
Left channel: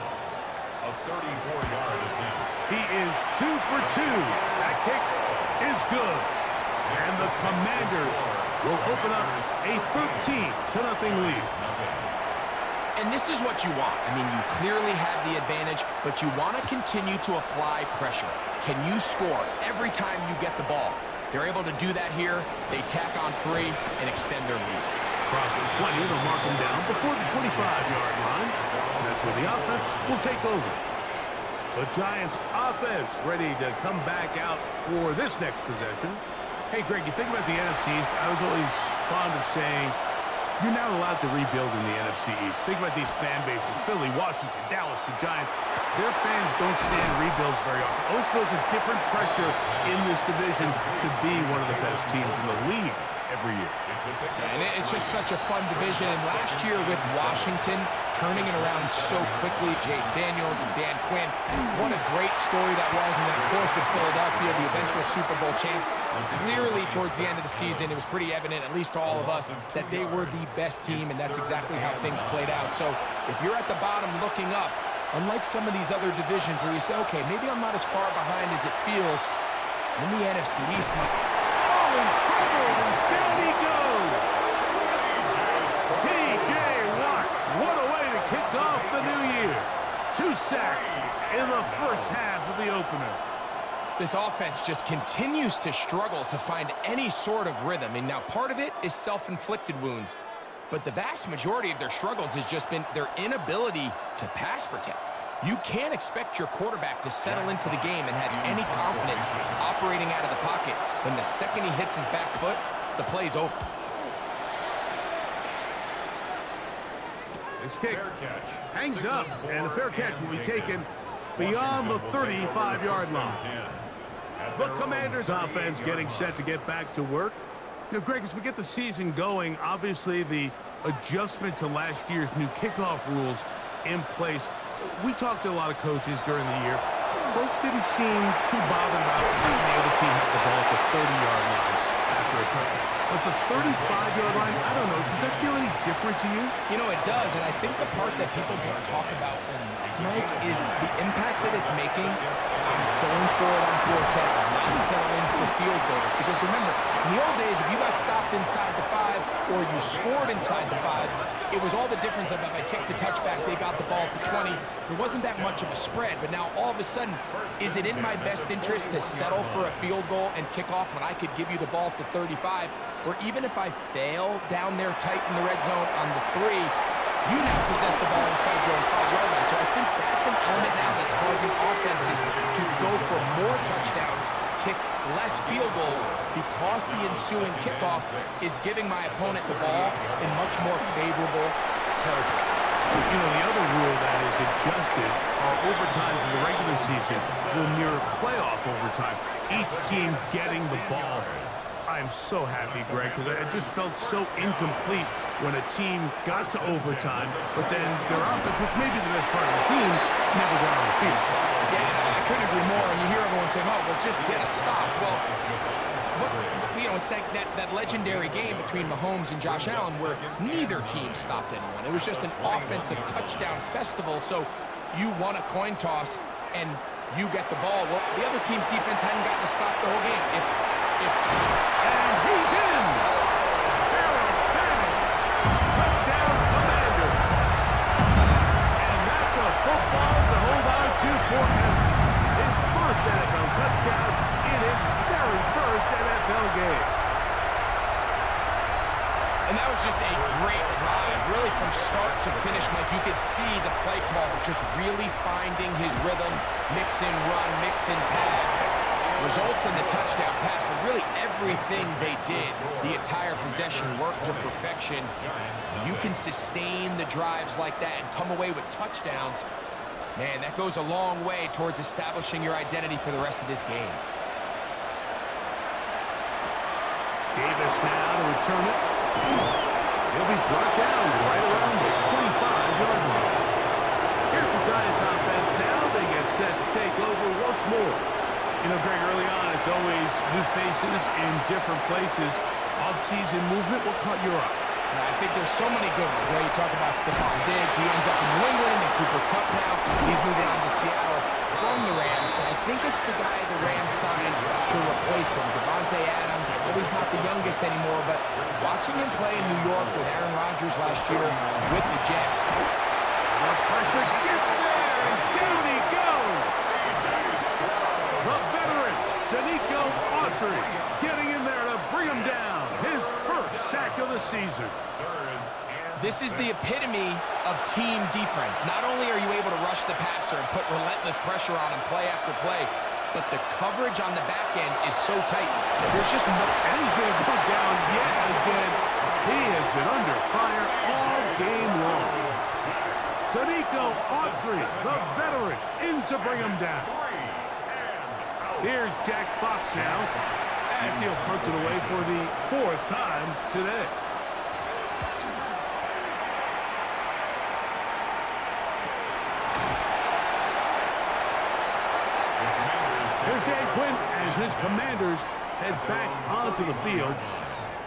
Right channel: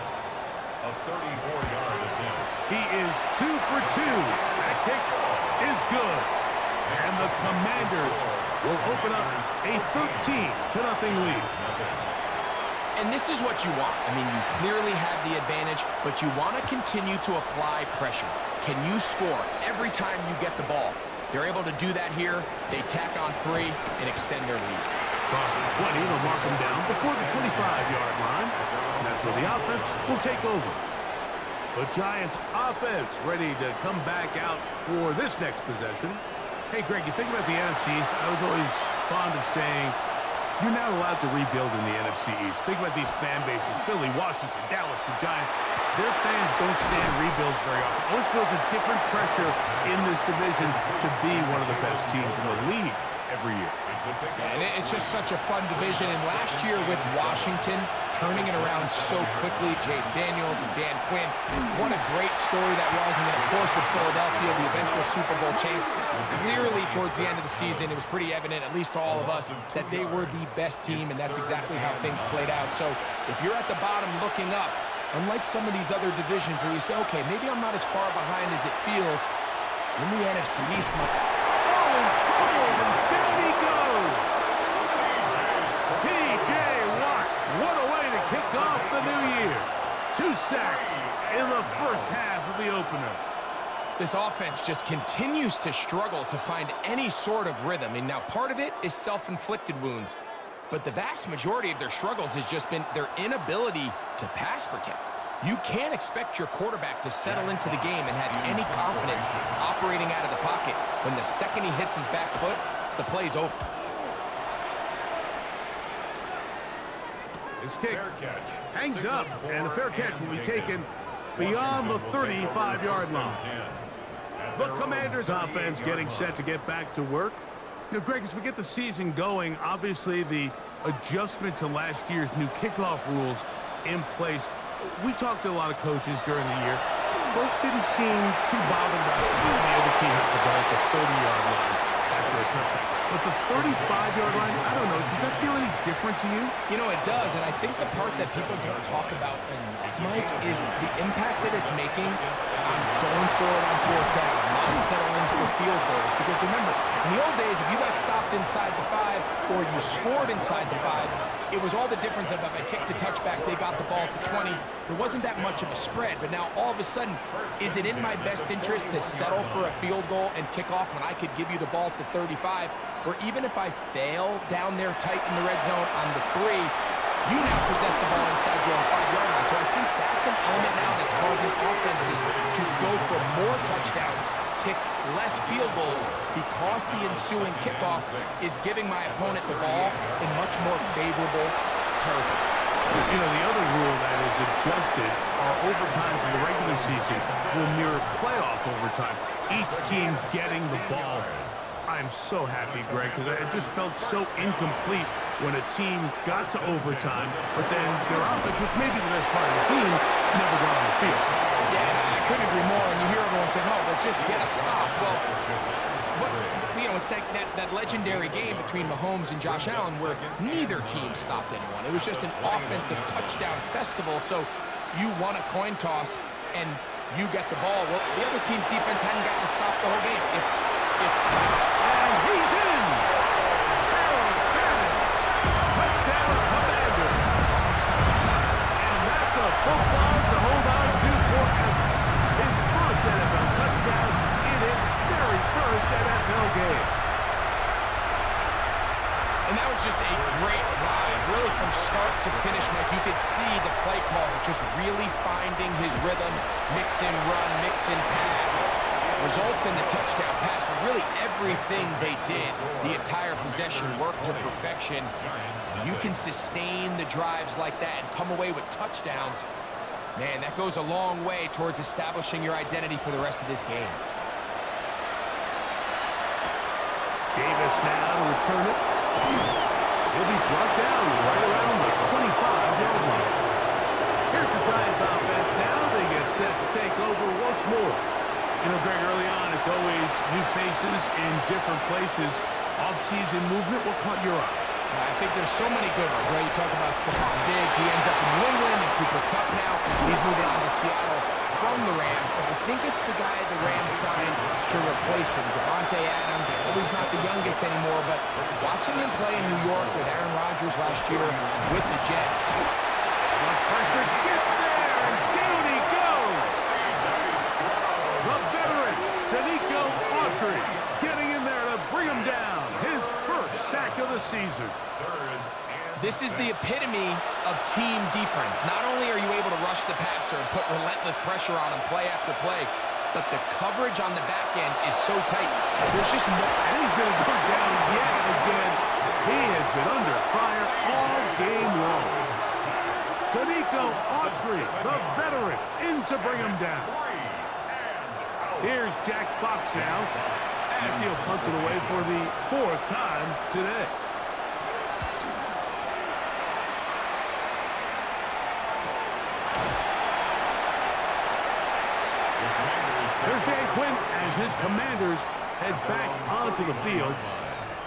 A 34-yard attempt. He is 2 for 2. That kick is good. And the Commanders will open up a 13-0 lead. And this is what you want. I mean, you clearly have the advantage, but you want to continue to apply pressure. Can you score every time you get the ball? They're able to do that here. They tack on 3 and extend their lead. Across the 20, they'll mark them down before the 25-yard line. And that's where the offense will take over. The Giants offense ready to come back out for this next possession. Hey, Greg, you think about the NFC East, I was always fond of saying, you're not allowed to rebuild in the NFC East. Think about these fan bases, Philly, Washington, Dallas, the Giants. Their fans don't stand rebuilds very often. Always feels a different pressure in this division to be one of the best teams in the league every year. And it's just such a fun division. And last year with Washington turning it around so quickly, Jaden Daniels and Dan Quinn, what a great story that was. And then, of course, with Philadelphia, the eventual Super Bowl champs, clearly towards the end of the season, it was pretty evident, at least to all of us, that they were the best team, and that's exactly how things played out. So if you're at the bottom looking up, unlike some of these other divisions where you say, okay, maybe I'm not as far behind as it feels, in the NFC East, in trouble, and down he goes. TJ Watt, what a way to kick off the new year. 2 sacks in the first half of the opener. This offense just continues to struggle to find any sort of rhythm. And now part of it is self-inflicted wounds, but the vast majority of their struggles has just been their inability to pass protect. You can't expect your quarterback to settle into the game and have any confidence operating out of the pocket when the second he hits his back foot, the play's over. This kick hangs up, and a fair catch will be taken beyond the 35-yard line. The Commanders' offense getting set to get back to work. You know, Greg, as we get the season going, obviously the adjustment to last year's new kickoff rules in place. We talked to a lot of coaches during the year. Folks didn't seem too bothered about letting the other team have the ball at the 30-yard line after a touchdown. But the 35-yard line, I don't know, does that feel any different to you? You know, it does, and I think the part that people don't talk about enough, Mike, is the impact that it's making on going for it on 4th down, not settling for field goals. Because remember, in the old days, if you got stopped inside the 5 or you scored inside the 5, it was all the difference of if I kicked a touchback, they got the ball at the 20. There wasn't that much of a spread, but now all of a sudden, is it in my best interest to settle for a field goal and kick off when I could give you the ball at the 35? Or even if I fail down there tight in the red zone on the 3, you now possess the ball inside your own 5-yard line. So I think that's an element now that's causing offenses to go for more touchdowns, kick less field goals, because the ensuing kickoff is giving my opponent the ball in much more favorable territory. You know, the other rule that is adjusted are overtimes in the regular season will mirror playoff overtime. Each team getting the ball. I'm so happy, Greg, because it just felt so incomplete when a team got to overtime, but then their offense, which may be the best part of the team, never got on the field. Yeah, I couldn't agree more. And you hear everyone saying, oh, well, just get a stop. Well, you know, it's that legendary game between Mahomes and Josh Allen where neither team stopped anyone. It was just an offensive touchdown festival. So you won a coin toss and you get the ball. Well, the other team's defense hadn't gotten to stop the whole game. And he's in! Harold Savage, touchdown Commanders. And that's a football to hold on to forever. His first NFL touchdown in his very first NFL game. And that was just a great drive, really from start to finish, Mike. You could see the play caller just really finding his rhythm, mix in run, mix in pass. Results in the touchdown pass, but really everything they did, the entire possession worked to perfection. You can sustain the drives like that and come away with touchdowns. Man, that goes a long way towards establishing your identity for the rest of this game. Davis now to return it. He'll be brought down right around the 25-yard line. Here's the Giants offense now. They get set to take over once more. You know, Greg, early on, it's always new faces in different places. Off-season movement, what caught your eye? I think there's so many good ones, right? You talk about Stephon Diggs. He ends up in New England, and Cooper Kupp now. He's moving on to Seattle from the Rams, but I think it's the guy the Rams signed to replace him. Devontae Adams. I know he's not the youngest anymore, but watching him play in New York with Aaron Rodgers last year with the Jets. The pressure gets there, and down he goes. The veteran, Danico Autry, getting in there to bring him down. His first sack of the season. This is the epitome of team defense. Not only are you able to rush the passer and put relentless pressure on him play after play, but the coverage on the back end is so tight. There's just no... And he's going to go down yet again. He has been under fire all game long. Danico Autry, the veteran, in to bring him down. Here's Jack Fox now, as he'll punt it away for the 4th time today. There's Dan Quinn as his Commanders head back onto the field.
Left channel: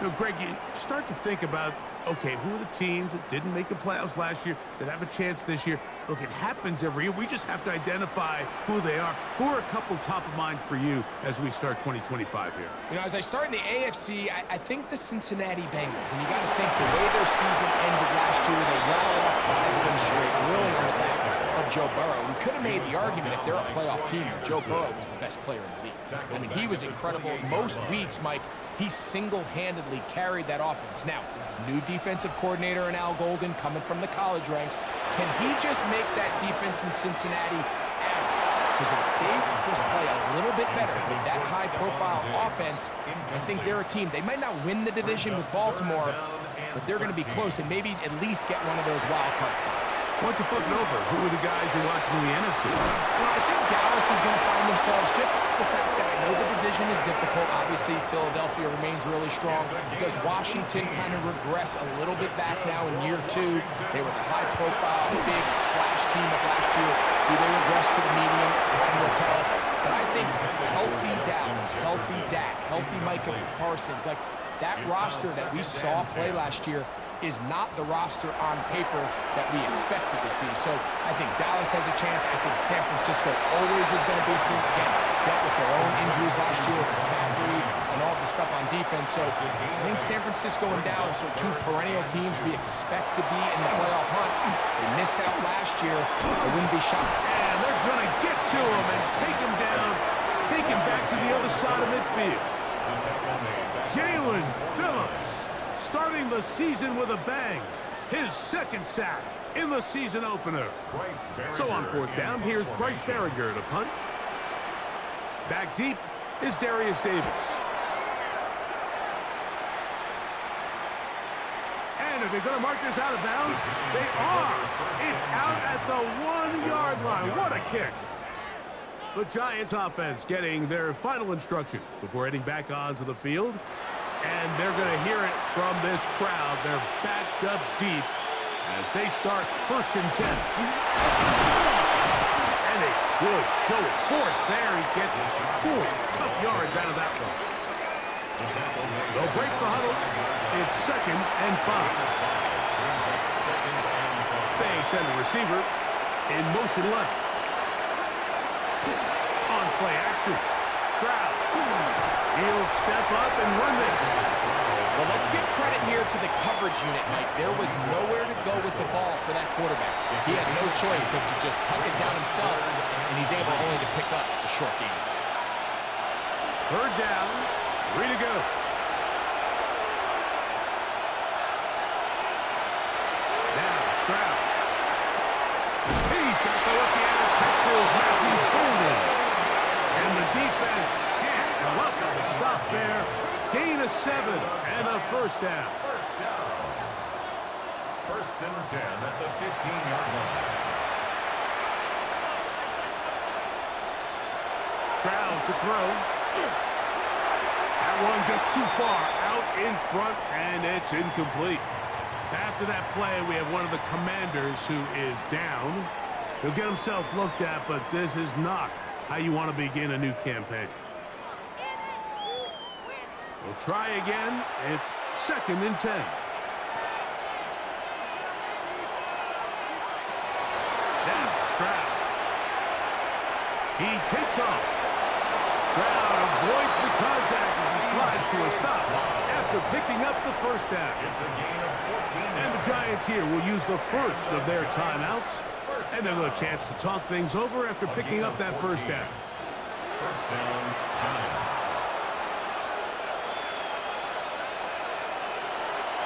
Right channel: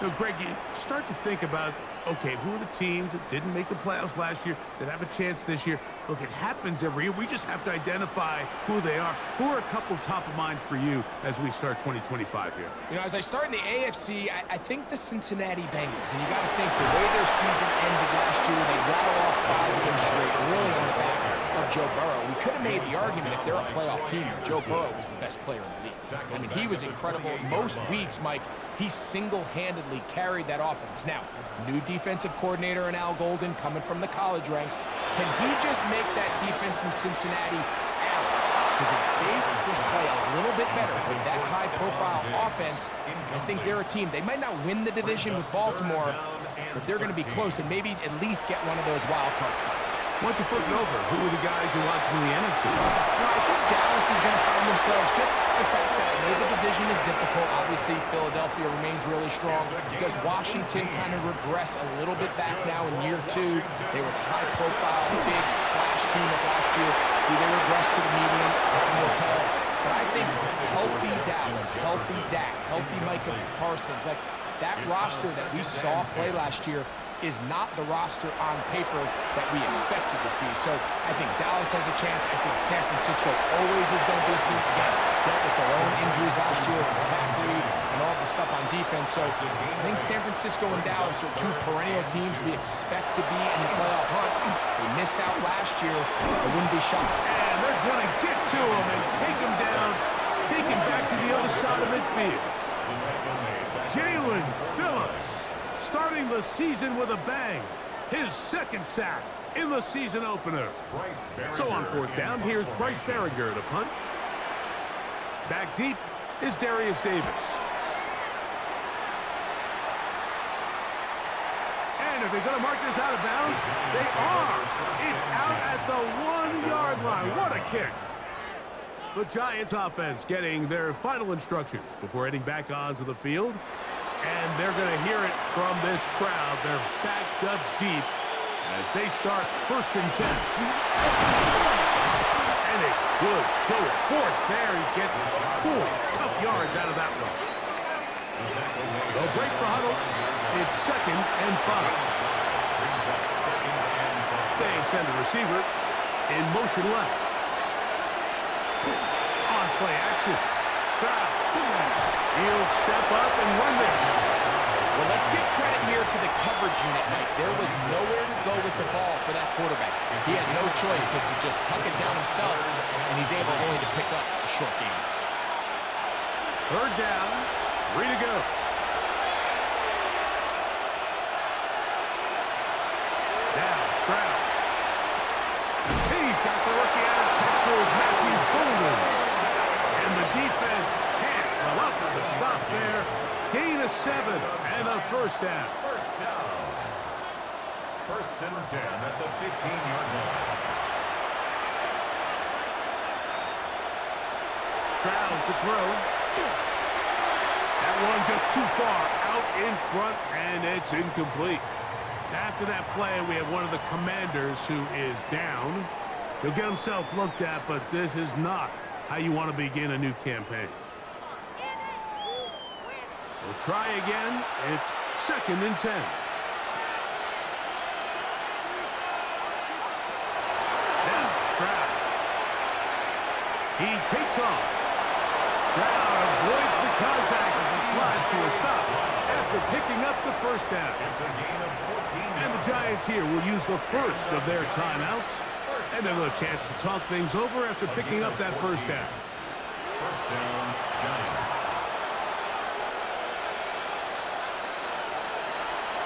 You know, Greg, you start to think about, okay, who are the teams that didn't make the playoffs last year that have a chance this year? Look, it happens every year. We just have to identify who they are. Who are a couple top of mind for you as we start 2025 here? You know, as I start in the AFC, I think the Cincinnati Bengals. And you got to think the way their season ended last year, they rattle off 5 wins straight, really on the back of Joe Burrow. We could have made the argument if they're a playoff team that Joe Burrow was the best player in the league. I mean, he was incredible. Most weeks, Mike, he single-handedly carried that offense. Now, new defensive coordinator in Al Golden coming from the college ranks. Can he just make that defense in Cincinnati average? Because if they just play a little bit better with that high-profile offense, I think they're a team. They might not win the division with Baltimore, but they're going to be close and maybe at least get one of those wild card spots. Why don't you flip it over? Who are the guys you're watching in the NFC? Well, I think Dallas is going to find themselves, just the fact that I know the division is difficult. Obviously, Philadelphia remains really strong. Does Washington kind of regress a little bit back now in year 2? They were the high-profile, big splash team of last year. Do they regress to the median? Time will tell. But I think healthy Dallas, healthy Dak, healthy Micah Parsons, like that roster that we saw play last year is not the roster on paper that we expected to see. So I think Dallas has a chance. I think San Francisco always is going to be a team, again, dealt with their own injuries last year, McCaffrey and all the stuff on defense. So I think San Francisco and Dallas are 2 perennial teams we expect to be in the playoff hunt. They missed out last year. I wouldn't be shocked. And they're going to get to him and take him down, take him back to the other side of midfield. Jalen Phillips, starting the season with a bang. His 2nd sack in the season opener. So on 4th down, here's Bryce Berringer to punt. Back deep is Darius Davis. And are they going to mark this out of bounds? They are. It's out at the 1-yard line. What a kick. The Giants offense getting their final instructions before heading back onto the field. And they're going to hear it from this crowd. They're backed up deep as they start 1st and 10. And a good show of force there. He gets 4 tough yards out of that one. They'll break the huddle. It's 2nd and 5. They send the receiver in motion left. On play action. Stroud. He'll step up and run this. Well, let's give credit here to the coverage unit, Mike. There was nowhere to go with the ball for that quarterback. He had no choice but to just tuck it down himself, and he's able only to pick up a short gain. 3rd down, 3 to go. Now Stroud. He's got the rookie out of Texas, Matthew Golden. And the defense can't come up with a stop there. Gain of 7 and a 1st down. 1st and 10 at the 15-yard line. Stroud to throw. That one just too far out in front, and it's incomplete. After that play, we have one of the Commanders who is down. He'll get himself looked at, but this is not how you want to begin a new campaign. We'll try again. It's 2nd and 10. Now, Stroud. He takes off. Stroud avoids the contact as he slides to a stop after picking up the first down. It's a gain of 14 And the Giants here will use the first of their timeouts. And they'll have a chance to talk things over after picking up that first down. First down, Giants.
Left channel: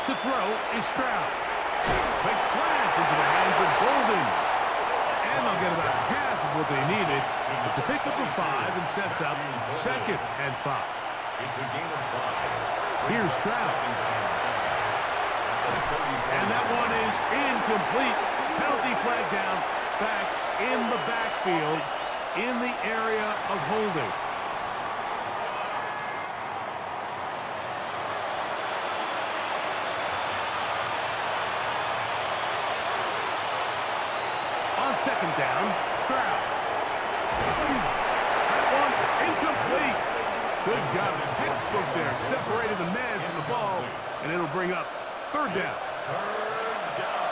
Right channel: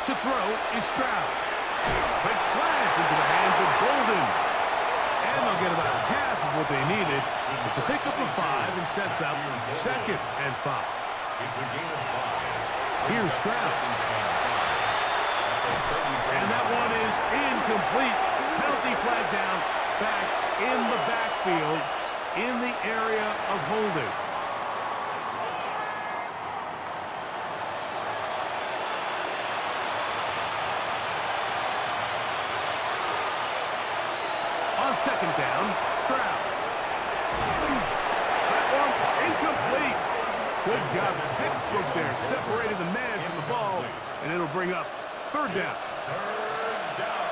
To throw is Stroud. Quick slant into the hands of Golden. And they'll get about half of what they needed. It's a pickup of 5 and sets up 2nd and 5. It's a gain of 5. Here's Stroud. And that one is incomplete. Penalty flag down, back in the backfield, in the area of holding. On 2nd down, Stroud. That one incomplete. Good job, textbook there, separating the man from the ball, and it'll bring up 3rd down. 3rd down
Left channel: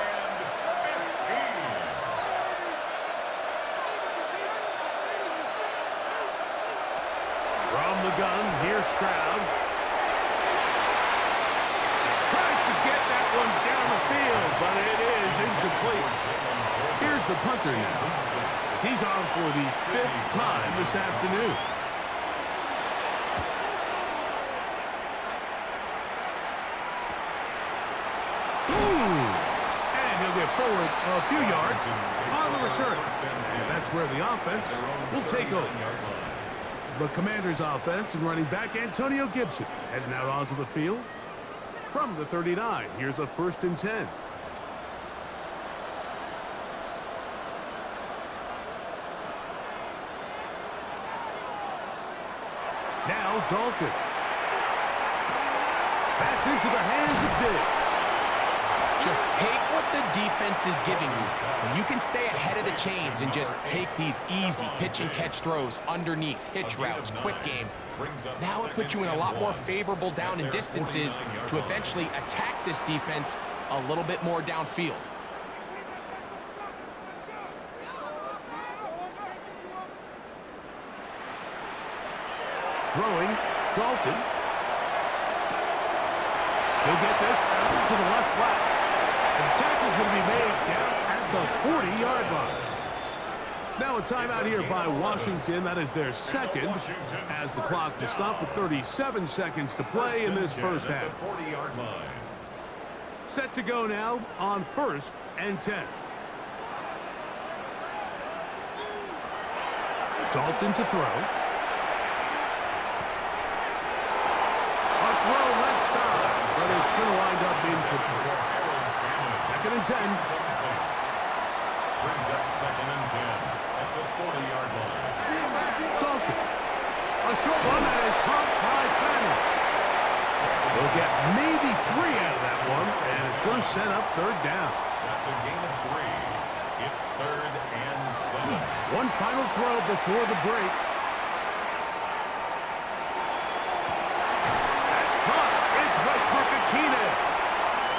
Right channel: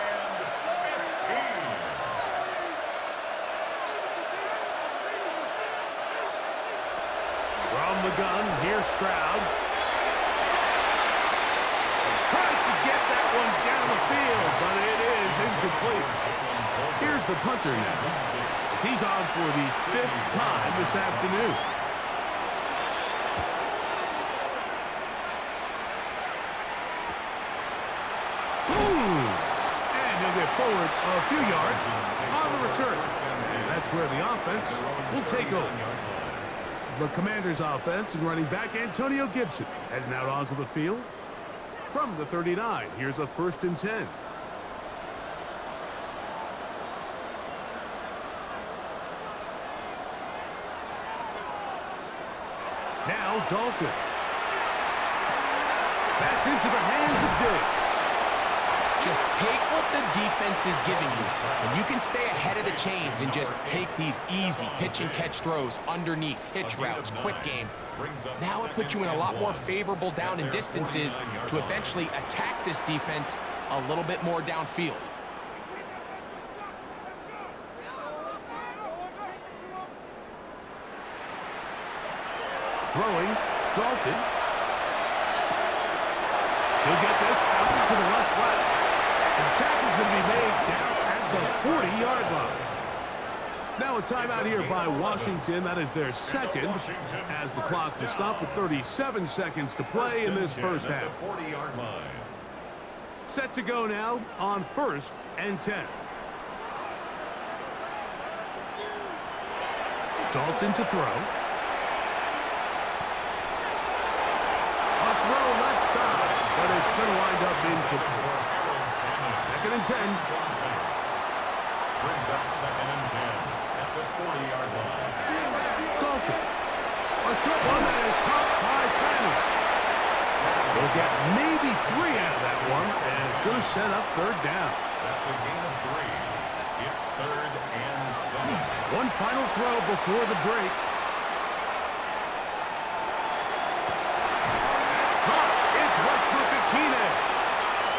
and 15. From the gun, here's Stroud. Tries to get that one down the field, but it is incomplete. Here's the punter now. He's on for the 5th time this afternoon. And he'll get forward a few yards on the return. And that's where the offense will take over. The Commanders' offense and running back Antonio Gibson heading out onto the field. From the 39, here's a 1st and 10. Now Dalton. That's into the hands of Diggs. Just take what the defense is giving you. And you can stay ahead of the chains and just take these easy pitch and catch throws underneath, hitch routes, quick game. Now it puts you in a lot more favorable down and distances to eventually attack this defense a little bit more downfield. Throwing, Dalton. He'll get this out to the left flat. The tackle's going to be made down at the 40-yard line. Now a timeout here by Washington. That is their 2nd as the clock to stop with 37 seconds to play in this first half. 40-yard line. Set to go now on 1st and 10. Dalton to throw. A throw left side, but it's going to wind up incomplete. 2nd and 10. Brings up 2nd and 10 at the 40-yard line. Dalton. A short one that is caught by Fanning. They'll get maybe 3 out of that one, and it's going to set up 3rd down. That's a gain of 3. It's 3rd and 7. One final throw before the break. That's caught. It's Westbrook-Akine.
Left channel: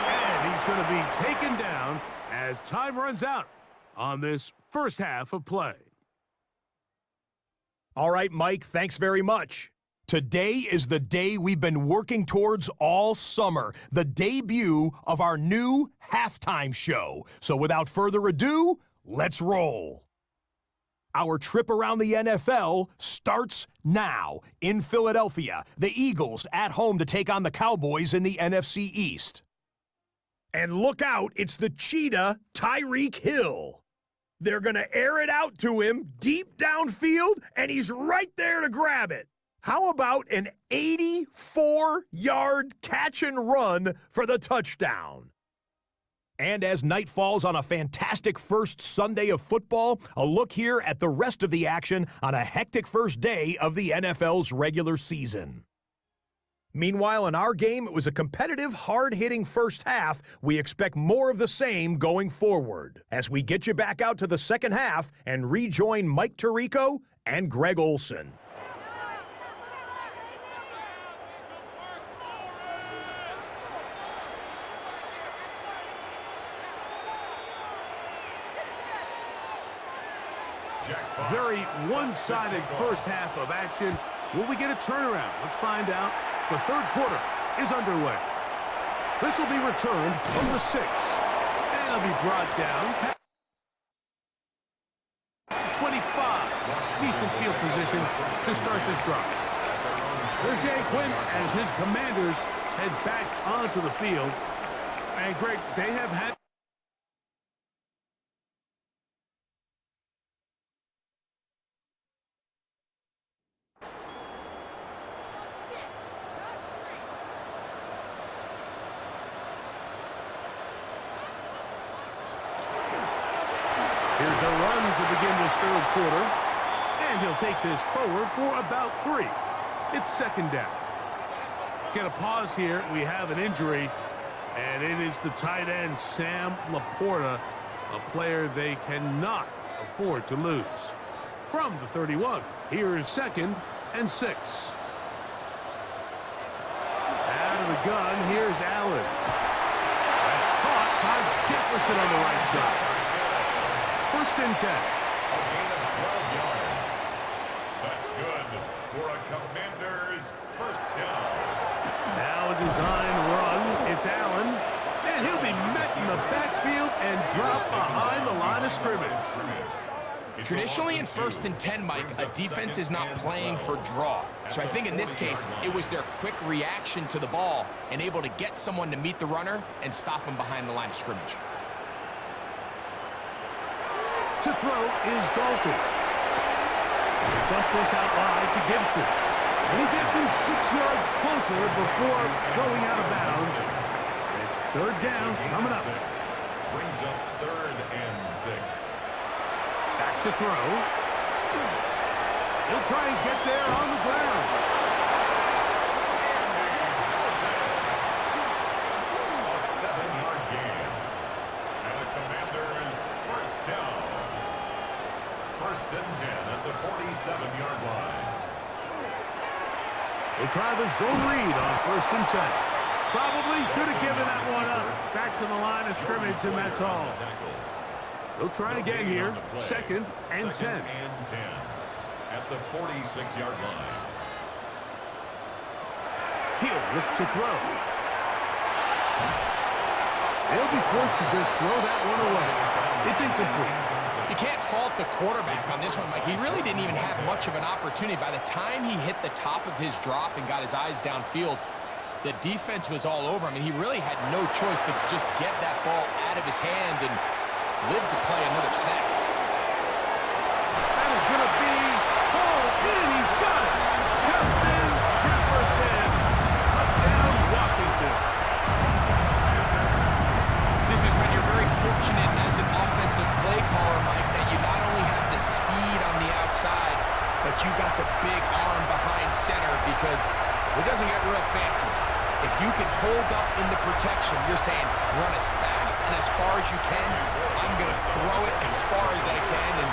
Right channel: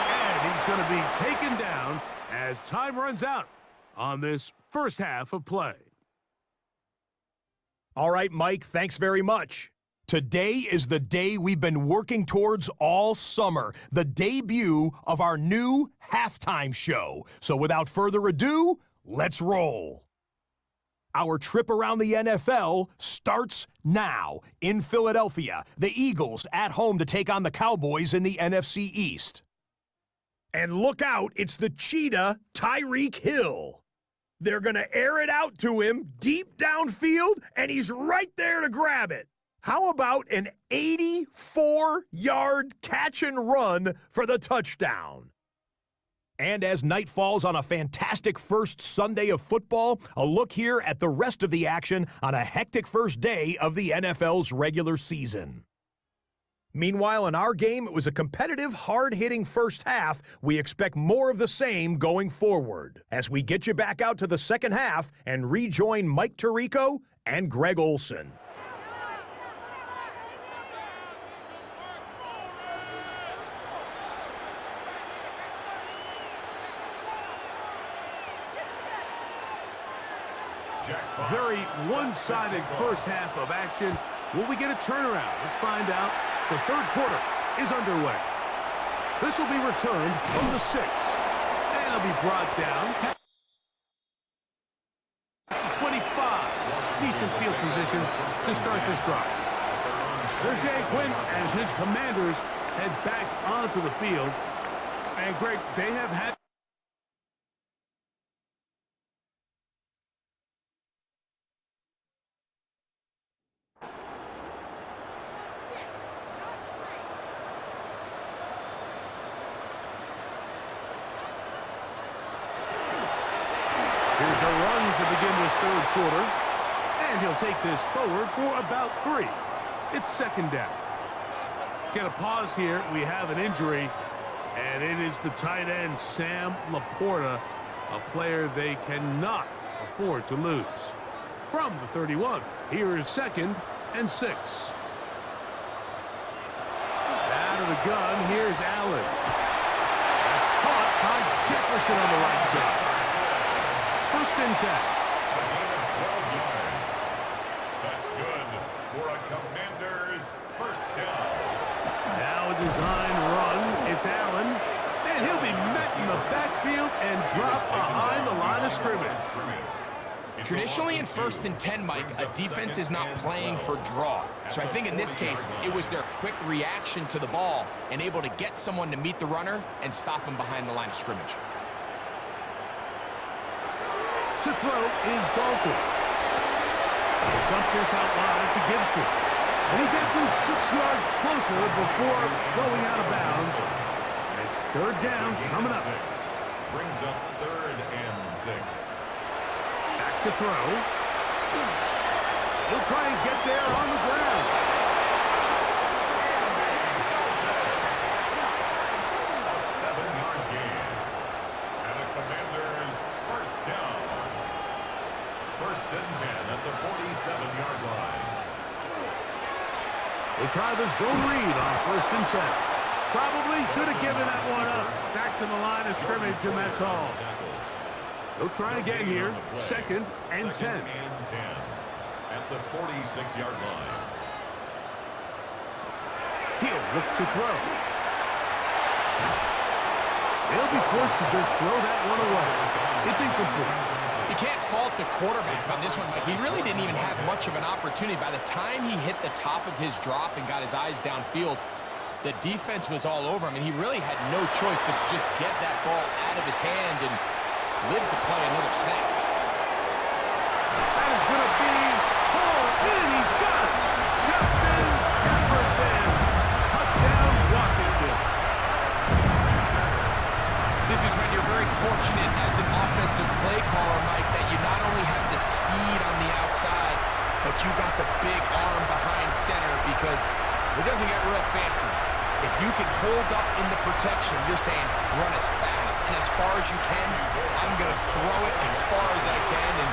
And he's going to be taken down as time runs out on this first half of play. All right, Mike, thanks very much. Today is the day we've been working towards all summer, the debut of our new halftime show. So without further ado, let's roll. Our trip around the NFL starts now. In Philadelphia, the Eagles at home to take on the Cowboys in the NFC East. And look out, it's the cheetah, Tyreek Hill. They're going to air it out to him deep downfield, and he's right there to grab it. How about an 84-yard catch and run for the touchdown? And as night falls on a fantastic first Sunday of football, a look here at the rest of the action on a hectic first day of the NFL's regular season. Meanwhile, in our game, it was a competitive, hard-hitting first half. We expect more of the same going forward as we get you back out to the second half and rejoin Mike Tirico and Greg Olson. Very one-sided first half of action. Will we get a turnaround? Let's find out. The third quarter is underway. This will be returned from the 6. And it'll be brought down past the 25. Decent field position to start this drive. There's Dan Quinn as his Commanders head back onto the field. And Greg, they have had Here's a run to begin this third quarter. And he'll take this forward for about 3. It's second down. Get a pause here. We have an injury. And it is the tight end, Sam Laporta, a player they cannot afford to lose. From the 31, here is 2nd and 6. Out of the gun, here's Allen. That's caught by Jefferson on the right side. 1st and 10. A gain of 12 yards. That's good for a Commanders first down. Now a design run. It's Allen. And he'll be met in the backfield and dropped behind the line of scrimmage. Traditionally in 1st and 10, Mike, a defense is not playing for draw. So I think in this case, it was their quick reaction to the ball and able to get someone to meet the runner and stop him behind the line of scrimmage. To throw is Dalton. Jump this out wide to Gibson. And he gets him 6 yards closer before going out of bounds. It's 3rd down coming up. Brings up 3rd and 6. Back to throw. He'll try and get there on the ground. A 7-yard gain. And a Commanders first down. 1st and 10 at the 47-yard line. We'll try the zone read on 1st and 10. Probably should have given that one up. Back to the line of scrimmage, and that's all. They'll try again here. 2nd and 10. 2nd and 10 at the 46-yard line. He'll look to throw. They'll be forced to just throw that one away. It's incomplete. You can't fault the quarterback on this one, Mike. He really didn't even have much of an opportunity. By the time he hit the top of his drop and got his eyes downfield, the defense was all over him, and he really had no choice but to just get that ball out of his hand and live to play another snap. That is going to be pulled in. He's got it. Justin Jefferson. Touchdown, Washington. This is when you're very fortunate as an offensive play caller, Mike, that you not only have the speed on the outside, but you got the big arm behind center because it doesn't get real fancy. If you can hold up in the protection, you're saying run as fast and as far as you can. I'm going to throw it as far as I can, and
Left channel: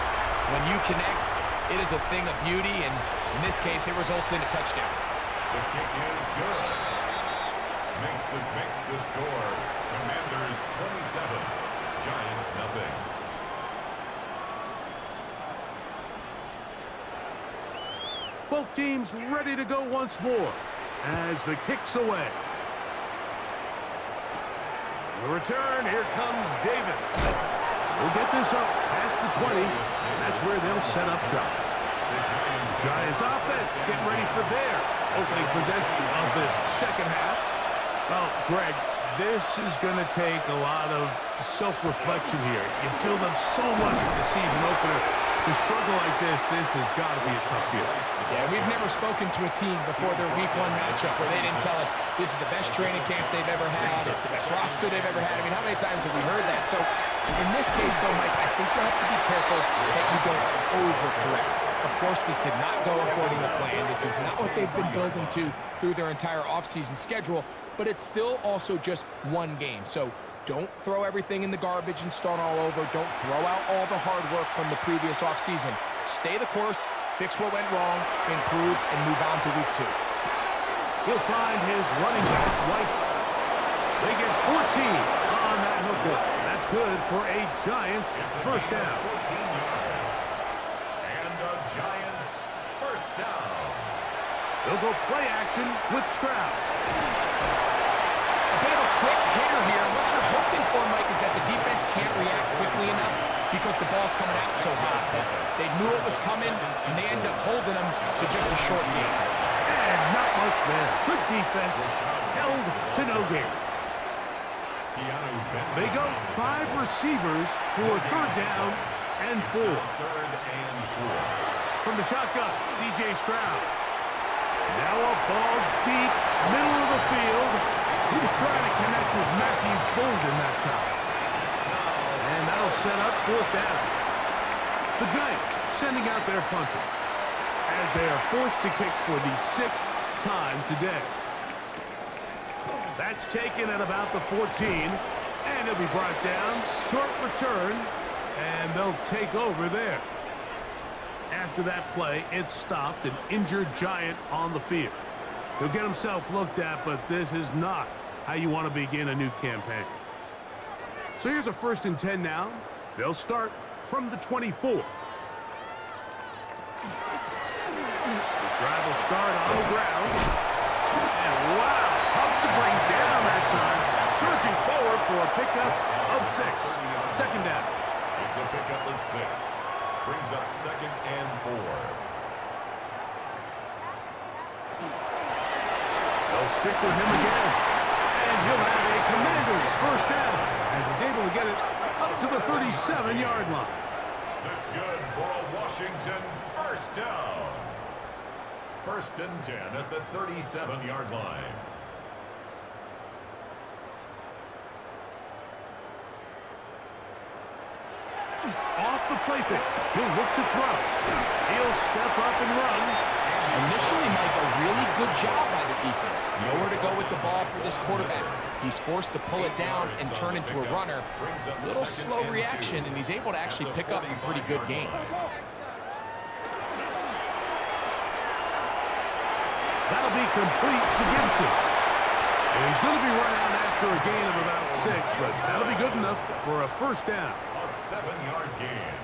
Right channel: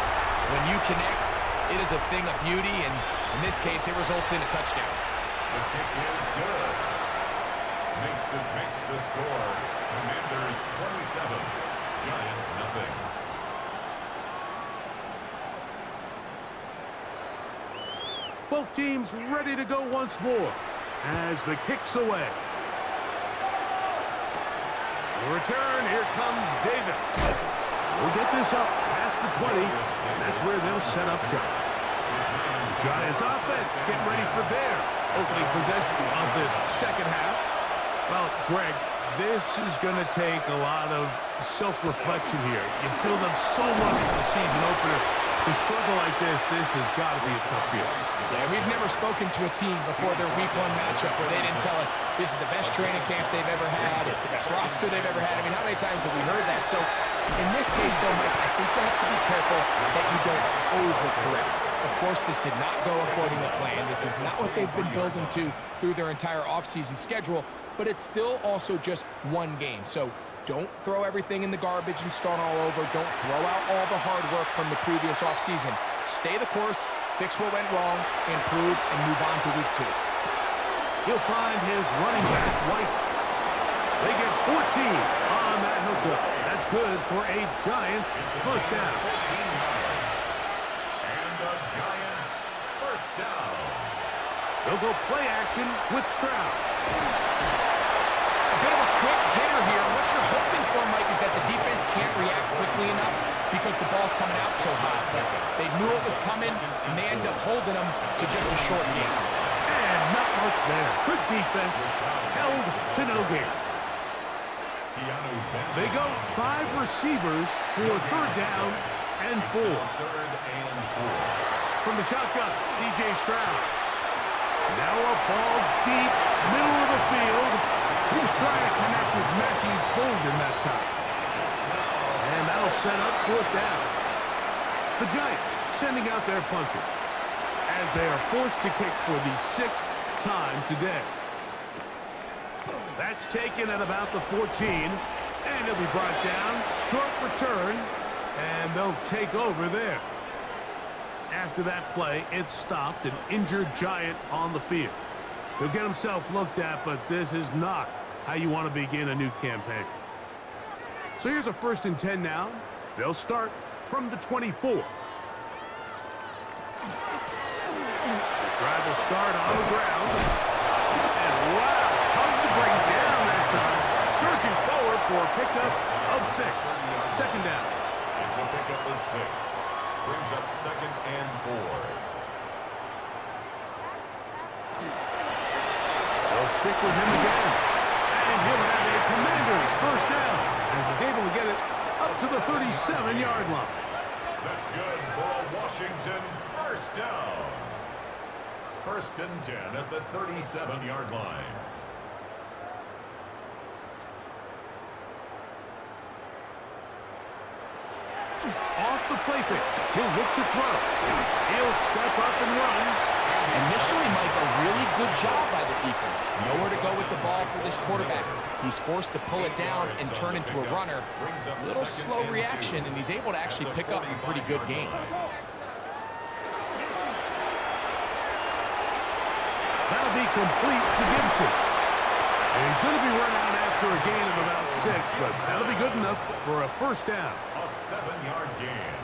when you connect, it is a thing of beauty, and in this case, it results in a touchdown. The kick is good. Makes the score. Commanders 27, Giants nothing. Both teams ready to go once more as the kick's away. The return, here comes Davis. We'll get this up past the 20, and that's where they'll set up shop. The Giants offense getting ready for their opening possession of this second half. Well, Greg, this is going to take a lot of self-reflection here. You build up so much for the season opener. To struggle like this has got to be a tough field. Yeah, we've never spoken to a team before their week 1 matchup where they didn't tell us this is the best training camp they've ever had, it's the best roster they've ever had. I mean, how many times have we heard that? So in this case, though, Mike, I think you have to be careful that you don't overcorrect. Of course, this did not go according to plan. This is not what they've been building to through their entire offseason schedule, but it's still also just one game. So don't throw everything in the garbage and start all over. Don't throw out all the hard work from the previous offseason. Stay the course, fix what went wrong, improve, and move on to week 2. He'll find his running back, White. They get 14 on that hookup. That's good for a Giants first down. 14 yards. And a Giants first down. They'll go play action with Stroud. A bit of a quick hitter here. What you're hoping for, Mike, is that the defense can't react quickly enough because the ball's coming out so hot. But they knew it was coming, and they end up holding them to just a short game. And not much there. Good defense. Held to no gain. They go 5 receivers for third down and 4. From the shotgun, CJ Stroud. Now a ball deep, middle of the field. He's trying to connect with Matthew Golden that time. And that'll set up fourth down. The Giants sending out their punter as they are forced to kick for the 6th time today. That's taken at about the 14, and he'll be brought down. Short return, and they'll take over there. After that play, it stopped, an injured Giant on the field. He'll get himself looked at, but this is not how you want to begin a new campaign. So here's a 1st and 10 now. They'll start from the 24. The drive will start on the ground. And wow, tough to bring down that time. Surging forward for a pickup of 6. Second down. It's a pickup of 6. Brings up 2nd and 4. They'll stick with him again. And he'll have a Commanders first down as he's able to get it up to the 37-yard line. That's good for a Washington first down. 1st and 10 at the 37-yard line. Off the play fake. He'll look to throw. He'll step up and run. Initially, Mike, a really good job by the defense. Nowhere to go with the ball for this quarterback. He's forced to pull it down and turn into a runner. A little slow reaction, and he's able to actually pick up a pretty good game. That'll be complete to Gibson. And he's going to be run out after a gain of about 6, but that'll be good enough for a first down. A 7-yard gain.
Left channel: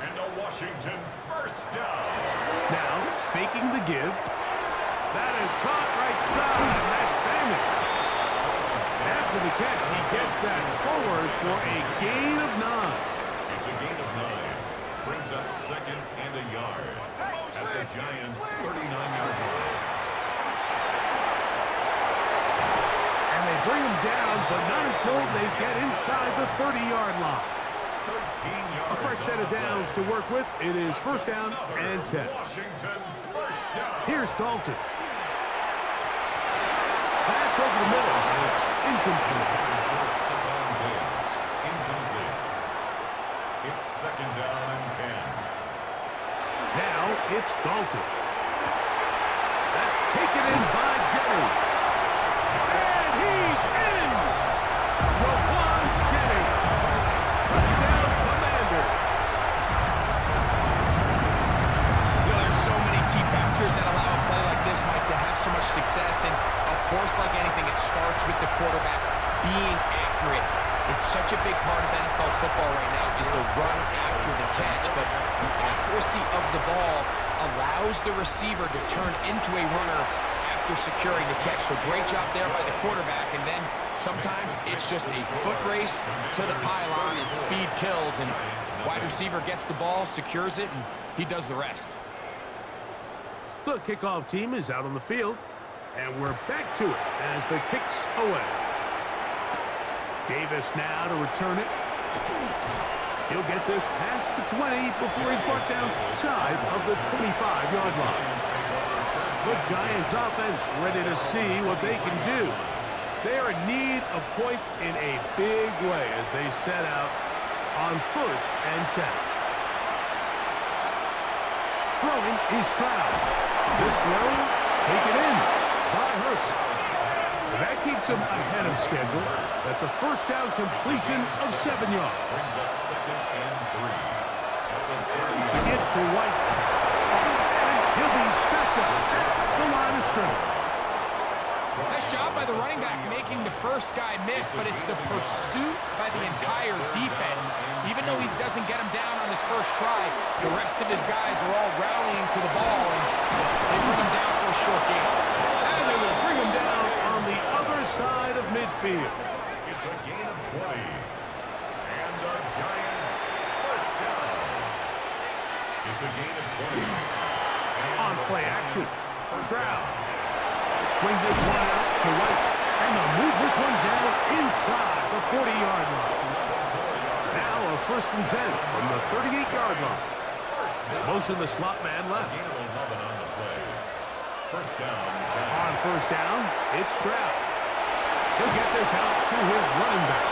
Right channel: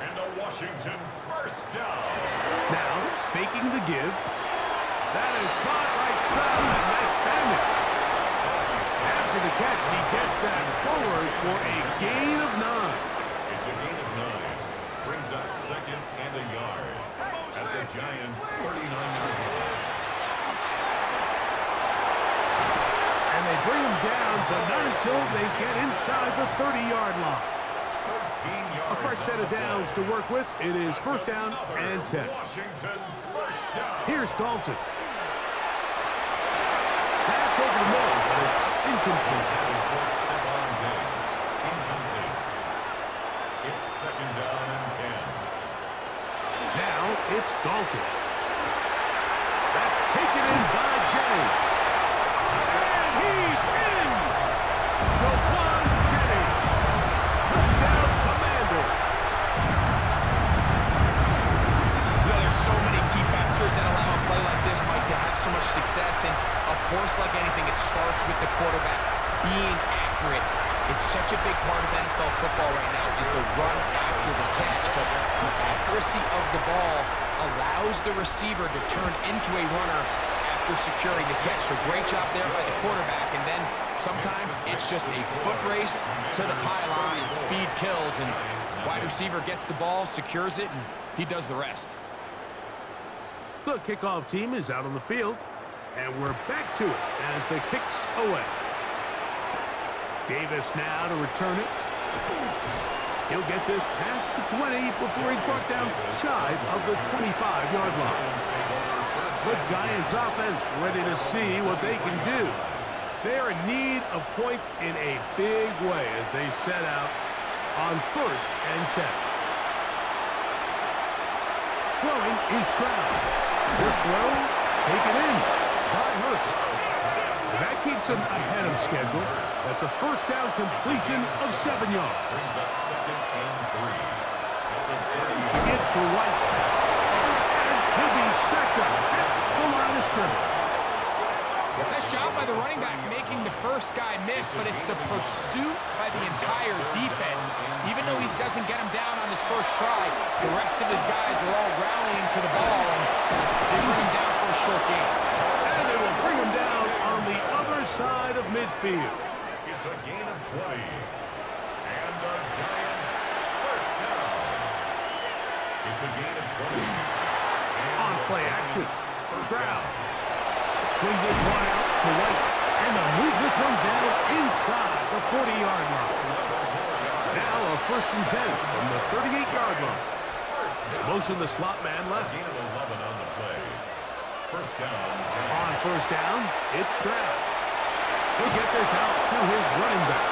And a Washington first down. Now, faking the give. That is caught right side. That's Bandit. After the catch, he gets that forward for a gain of 9. It's a gain of 9. Brings up 2nd and a yard at the Giants' 39-yard line. And they bring him down, but not until they get inside the 30-yard line. 13 yards. A fresh set of downs to work with. It is first down and 10. Washington first down. Here's Dalton. Pass over the middle, but it's incomplete. For Stephon Diggs. Incomplete. It's 2nd down and 10. Now it's Dalton. That's taken in by Jennings. And he's in! Jauan Jennings. Touchdown, Commanders. You know, there's so many key factors that allow a play like this, Mike, to have so much success. And, of course, like anything, it starts with the quarterback being accurate. It's such a big part of NFL football right now is the run after the catch. But the accuracy of the ball allows the receiver to turn into a runner after securing the catch. So great job there by the quarterback. And then sometimes it's just a foot race to the pylon and speed kills. And wide receiver gets the ball, secures it, and he does the rest. The kickoff team is out on the field, and we're back to it as the kick's away. Davis now to return it. He'll get this past the 20 before he's brought down shy of the 25-yard line. The Giants offense ready to see what they can do. They are in need of points in a big way as they set out on 1st and 10. Throwing is Stroud. This throw taken in by Hurts. And that keeps him ahead of schedule. That's a first down completion of 7 yards. Brings up 2nd and 3. Get to White. And he'll be stacked up at the line of scrimmage. Nice job by the running back making the first guy miss, but it's the pursuit by the entire defense. Even though he doesn't get him down on his first try, the rest of his guys are all rallying to the ball, and they bring him down for a short gain. And they will bring him down on the other side of midfield. It's a gain of 20. And the Giants first down. It's a gain of 20. And On play action, Stroud. Swing this one out to White. And they'll move this one down inside the 40-yard line. Now a 1st and 10 from the 38-yard line. Motion the slot man left. Gain of 11 on the play. First down, Giants. On first down, it's Stroud. He'll get this out to his running back.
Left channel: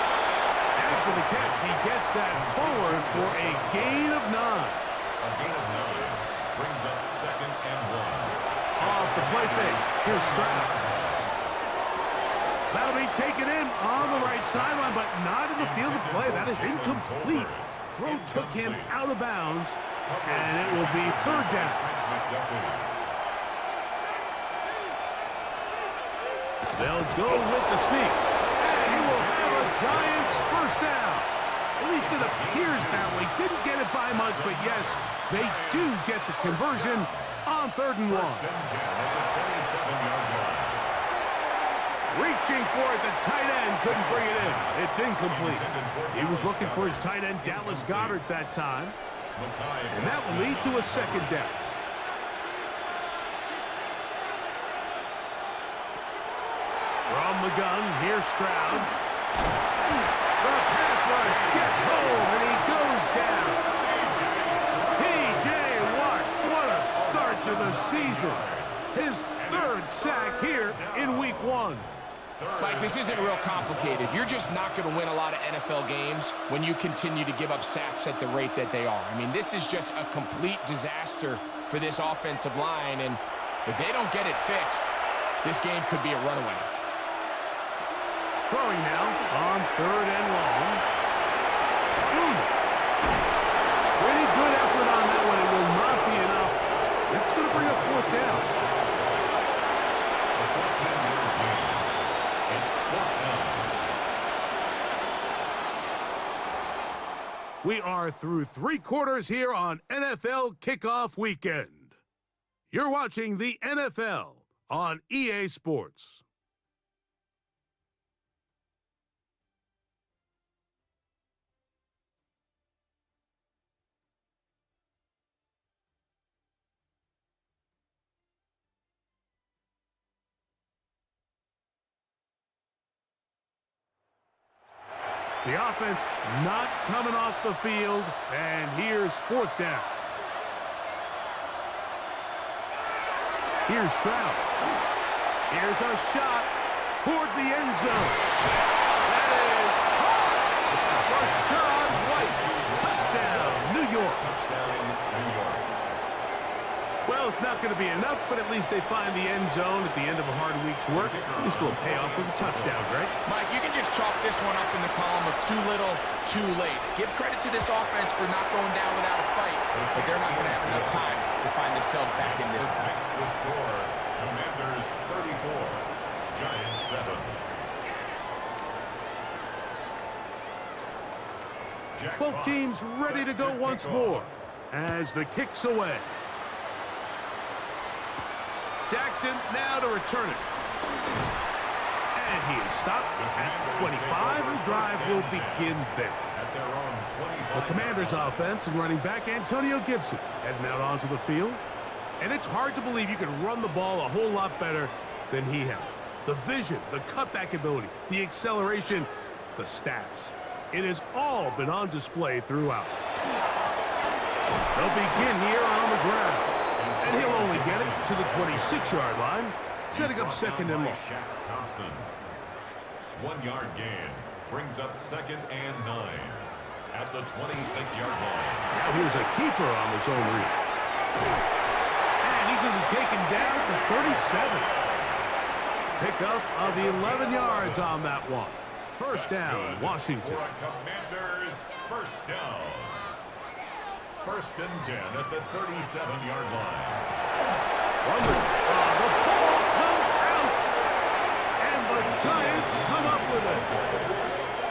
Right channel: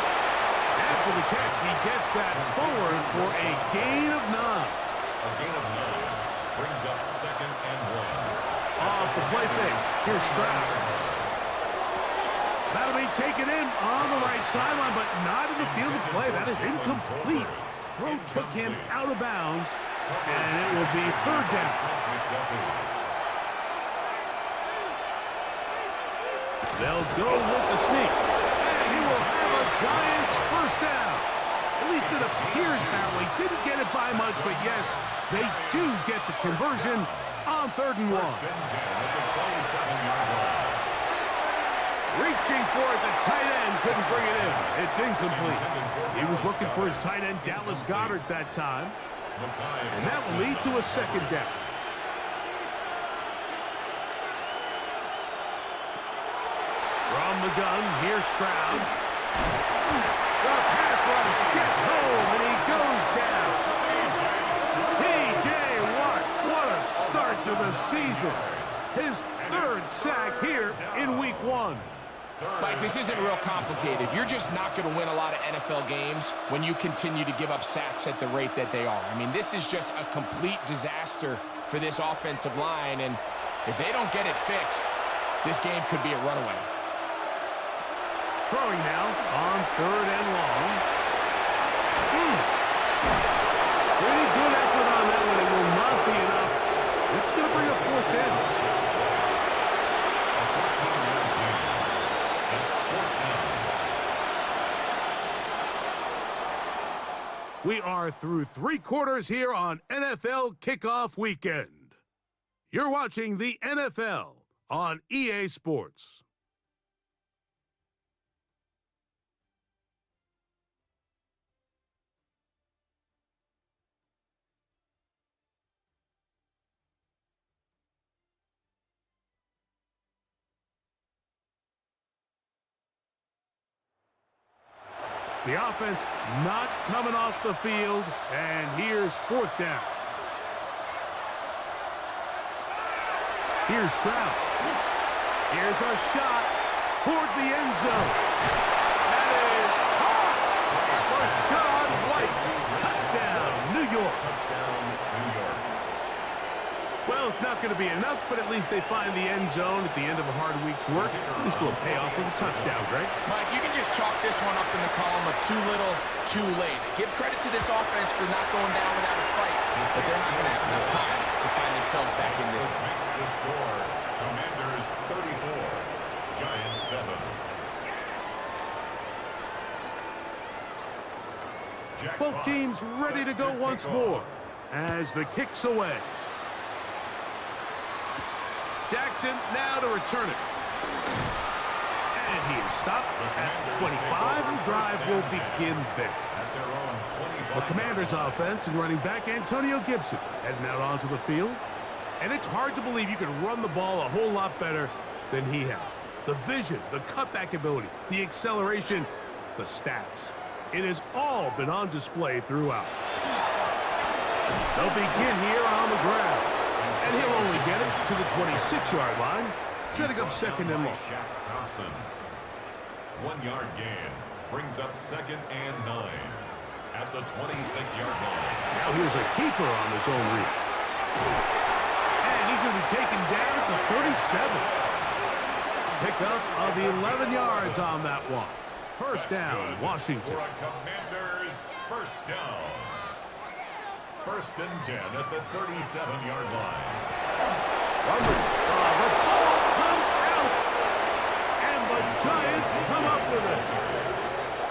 After the catch, he gets that forward for a gain of 9. A gain of 9 brings up 2nd and 1. Off the play fake, here's Stroud. That'll be taken in on the right sideline, but not in the field of play. That is incomplete. Throw took him out of bounds, and it will be 3rd down. They'll go with the sneak, and he will have a Giants first down. At least it appears that way. Didn't get it by much, but yes, they do get the conversion on 3rd and 1. First and 10 at the 27-yard line. Reaching for it, the tight end couldn't bring it in. It's incomplete. He was looking for his tight end, Dallas Goedert, that time. And that will lead to a 2nd down. From the gun, here's Stroud. The pass rush gets home, and he goes down. TJ Watt, what a start to the season. His 3rd sack here in week 1. Mike, this isn't real complicated. You're just not going to win a lot of NFL games when you continue to give up sacks at the rate that they are. I mean, this is just a complete disaster for this offensive line, and if they don't get it fixed, this game could be a runaway. Throwing now on 3rd and long. Pretty good effort on that one. It will not be enough. It's going to bring up 4th down. A 14-yard gain. It's 4th down. We are through 3 quarters here on NFL Kickoff Weekend. You're watching the NFL on EA Sports. The offense not coming off the field, and here's 4th down. Here's Stroud. Here's a shot toward the end zone. That is caught. Rachaad White. Touchdown, New York. Touchdown, New York. Well, it's not going to be enough, but at least they find the end zone at the end of a hard week's work. At least it'll pay off with a touchdown, Greg. Mike, you can just chalk this one up in the column of too little, too late. Give credit to this offense for not going down without a fight, but they're not going to have enough time to find themselves back in this one. Makes the score. Commanders 34, Giants 7. Both teams ready to go once more as the kick's away. Jaxon now to return it. And he is stopped at 25. The drive will begin there. At their own 25. The Commanders' offense and running back Antonio Gibson heading out onto the field. And it's hard to believe you can run the ball a whole lot better than he has. The vision, the cutback ability, the acceleration, the stats. It has all been on display throughout. They'll begin here on the ground. And he'll only get it to the 26-yard line, setting up second and long. 1 yard gain brings up 2nd and 9 at the 26-yard line. Now here's a keeper on the zone read. And he's going to be taken down at the 37. Pickup of 11 yards on that one. First down, Washington. For a Commanders first down. 1st and 10 at the 37-yard line. The ball comes out. And the Giants come up with it.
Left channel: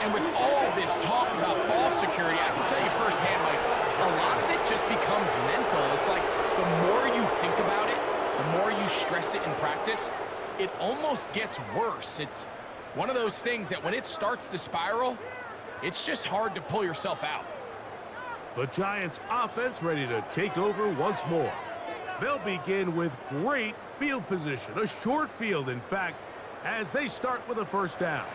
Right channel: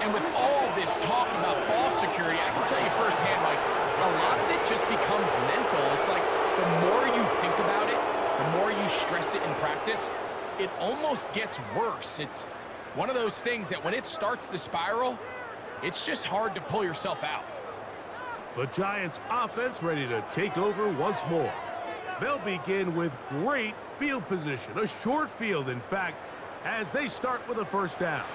And with all this talk about ball security, I can tell you firsthand, Mike, a lot of it just becomes mental. It's like the more you think about it, the more you stress it in practice, it almost gets worse. It's one of those things that when it starts to spiral, it's just hard to pull yourself out. The Giants offense ready to take over once more. They'll begin with great field position, a short field, in fact, as they start with a first down.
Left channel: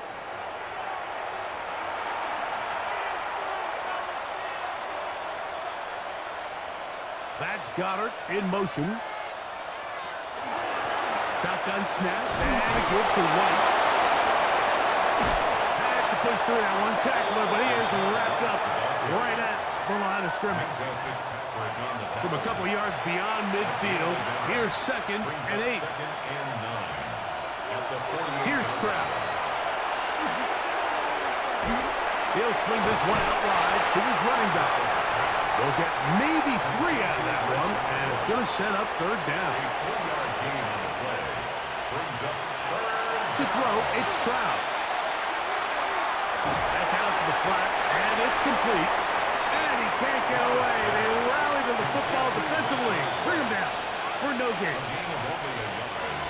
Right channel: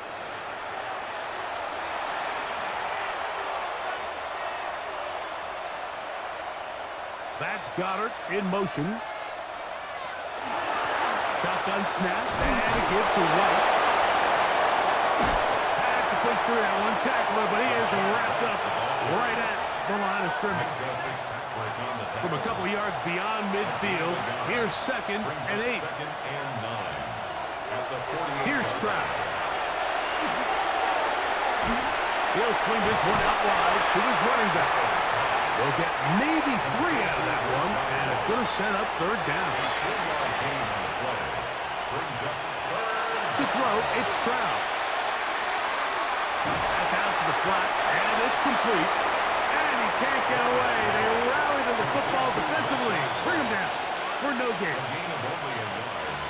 That's Goddard in motion. Shotgun snap, and a give to White. Had to push through that one tackler, but he is wrapped up right at the line of scrimmage. From a couple yards beyond midfield, here's 2nd and 8. Here's Stroud. He'll swing this one out wide to his running back. They'll get maybe 3 out of that one, and it's going to set up 3rd down. A 4-yard gain on the play brings up 3rd. To throw, it's Stroud. That's out to the flat, and it's complete. And he can't get away. They rally to the football defensively. Bring him down for no gain. Gain of only a yard.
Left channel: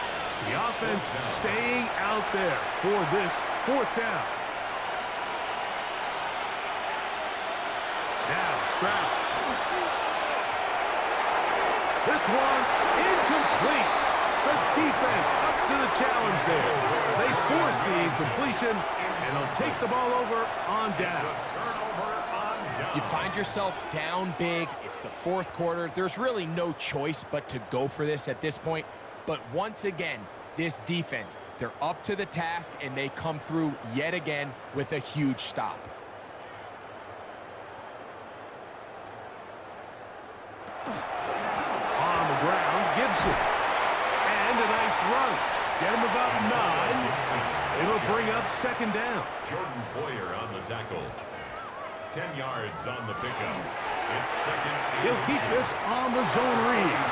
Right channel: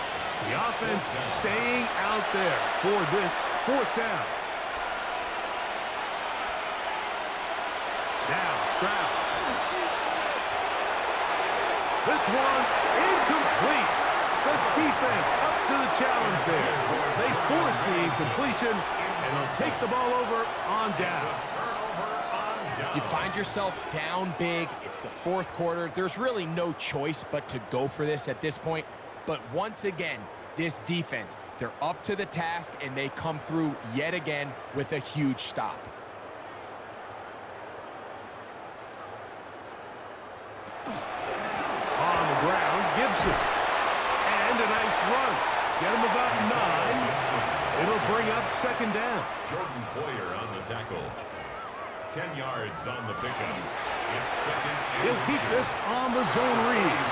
The offense staying out there for this 4th down. Now Stroud. This one incomplete. The defense up to the challenge there. They force the incompletion, and they'll take the ball over on down. You find yourself down big. It's the 4th quarter. There's really no choice but to go for this at this point. But once again, this defense, they're up to the task, and they come through yet again with a huge stop. On the ground, Gibson. And a nice run. Get him about 9. It'll bring up 2nd down. Jordan Poyer on the tackle. 10 yards on the pickup. It's 2nd and He'll keep this on the zone read.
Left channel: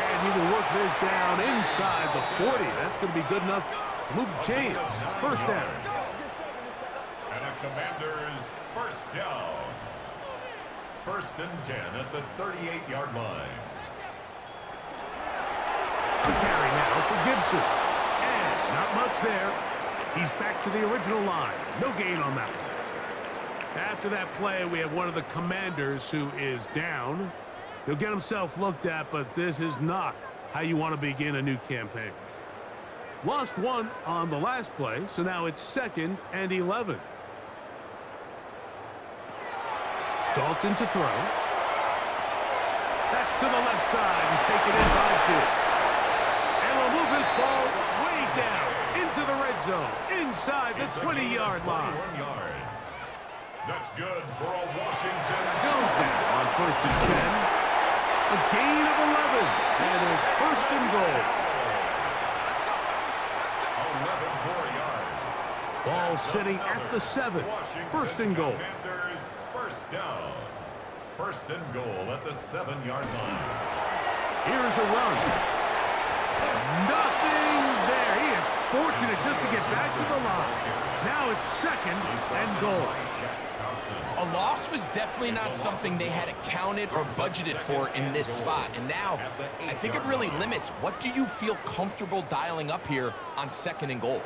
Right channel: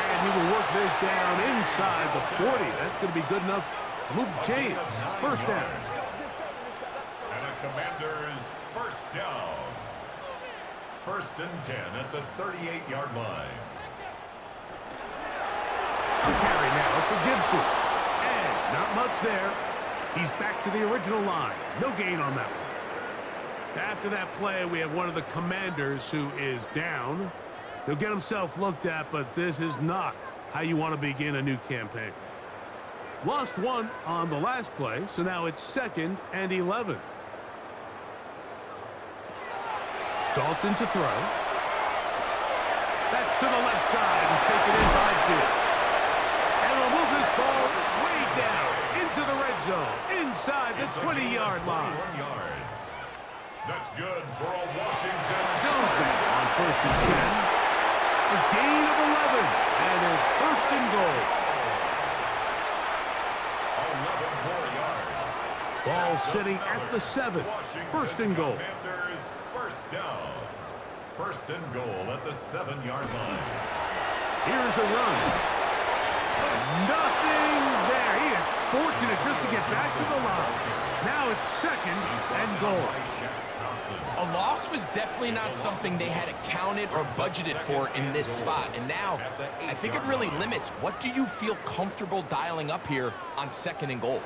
And he will work this down inside the 40. That's going to be good enough to move the chains. First down. And a Commanders first down. 1st and 10 at the 38-yard line. A carry now for Gibson. And not much there. He's back to the original line. No gain on that one. After that play, we have one of the Commanders who is down. He'll get himself looked at, but this is not how you want to begin a new campaign. Lost 1 on the last play, so now it's 2nd and 11. Dalton to throw. That's to the left side and taken in by Diggs. And we'll move this ball way down into the red zone, inside the 20-yard line. 21 yards. That's good for a Washington. Jones now on 1st and 10. A gain of 11, and it's 1st and goal. 11 more yards. Ball sitting at the 7. 1st and goal. Commanders first down. 1st and goal at the 7-yard line. Here's a run. Nothing there. He is fortunate just to get back to the line. Now it's 2nd and goal. A loss was definitely not something they had accounted or budgeted for in this spot. And now, I think it really limits. What do you feel comfortable dialing up here on 2nd and goal?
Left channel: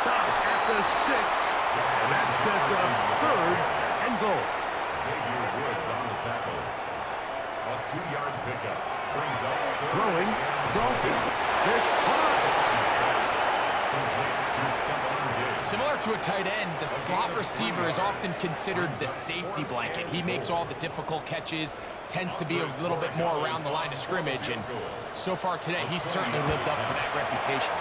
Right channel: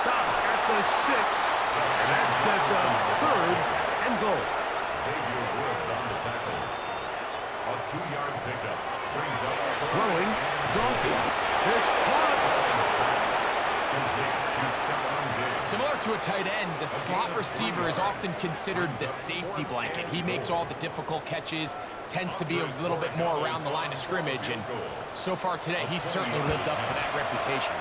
Stop at the 6. And that sets up 3rd and goal. Xavier Woods on the tackle. A 2-yard pickup brings up Throwing, Dalton. This caught. complete to Stephon Diggs. Similar to a tight end, the slot receiver is often considered the safety blanket. He makes all the difficult catches, tends to be a little bit more around the line of scrimmage, and so far today, he's certainly lived up to that reputation.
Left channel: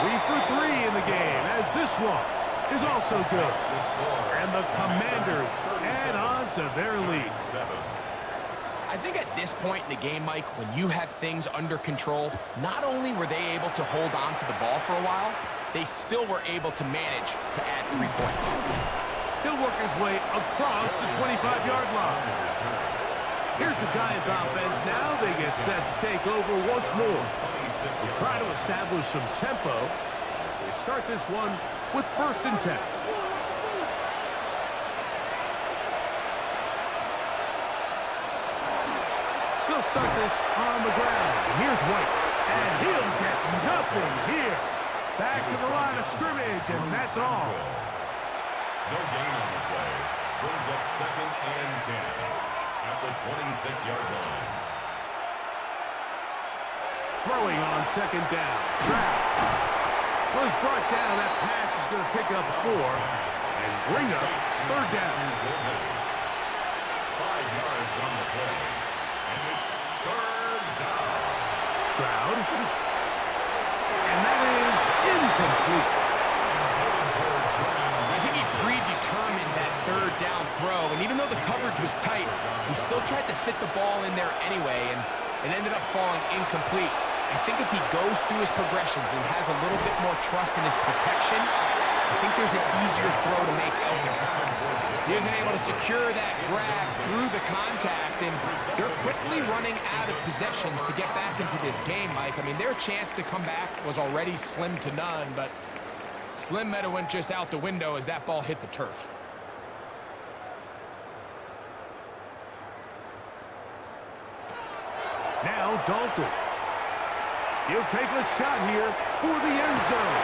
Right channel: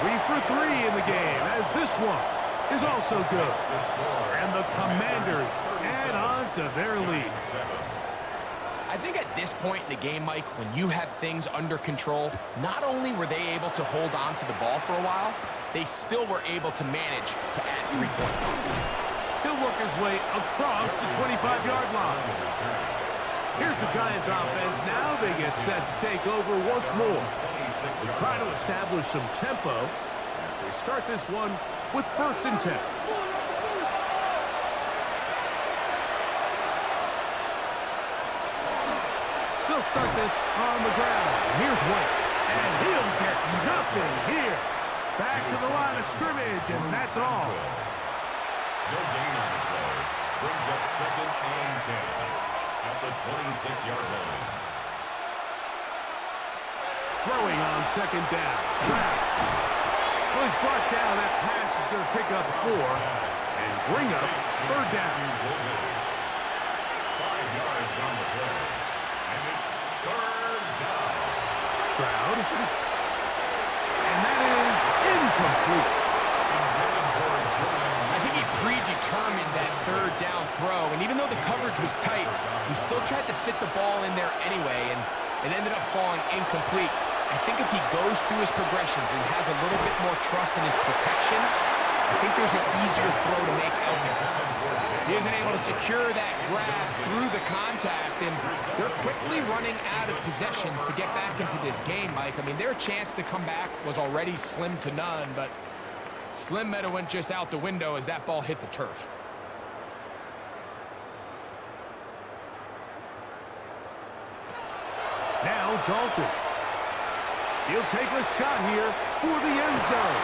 3 for 3 in the game, as this one is also good. And the Commanders add on to their lead. I think at this point in the game, Mike, when you have things under control, not only were they able to hold on to the ball for a while, they still were able to manage to add 3 points. He'll work his way across the 25-yard line. Here's the Giants offense now. They get set to take over once more. They'll try to establish some tempo as they start this one with 1st and 10. He'll start this on the ground. And here's White. And he'll get nothing here. Back to the line of scrimmage, and that's all. No gain on the play. Brings up 2nd and 10 at the 26-yard line. Throwing on 2nd down. Stroud. Well, he's brought down. That pass is going to pick up 4 and bring up 3rd down. 5 yards on the play. And it's 3rd down. Stroud. And that is incomplete. I think he predetermined that 3rd down throw, and even though the coverage was tight, he still tried to fit the ball in there anyway, and it ended up falling incomplete. I think if he goes through his progressions and has a little bit more trust in his protection, I think there's an easier throw to make out there. He isn't able to secure that grab through the contact, and they're quickly running out of possessions to get back into this game, Mike. I mean, their chance to come back was already slim to none, but Slim Meta went just out the window as that ball hit the turf. Now Dalton. He'll take a shot here for the end zone.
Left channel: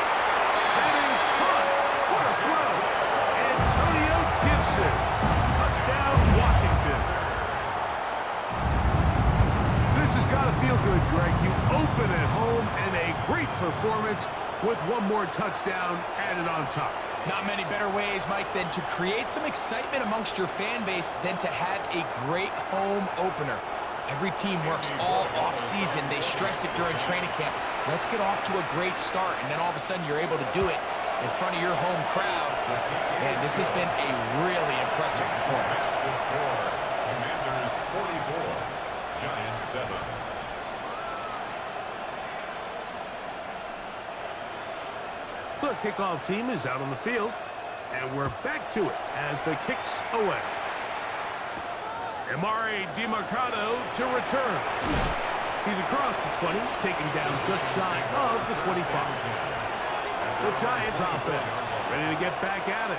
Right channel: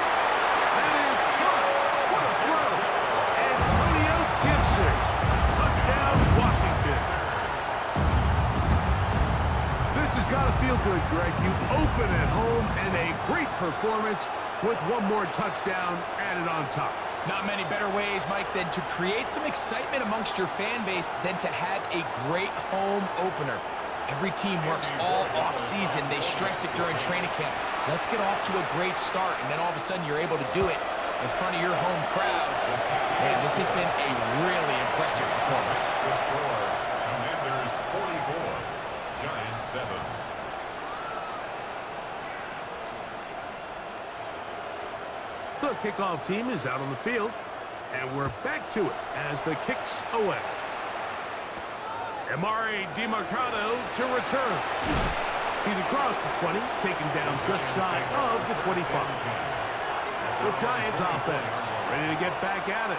That is caught. What a throw. Antonio Gibson. Touchdown, Washington. This has got to feel good, Greg. You open at home and a great performance with one more touchdown added on top. Not many better ways, Mike, than to create some excitement amongst your fan base than to have a great home opener. Every team works all off-season. They stress it during training camp. Let's get off to a great start, and then all of a sudden you're able to do it in front of your home crowd. Man, this has been a really impressive performance. The score, Commanders 44, Giants 7. The kickoff team is out on the field, and we're back to it as the kick's away. Emari Demercado to return. He's across the 20, taken down just shy of the 25. The Giants offense ready to get back at it.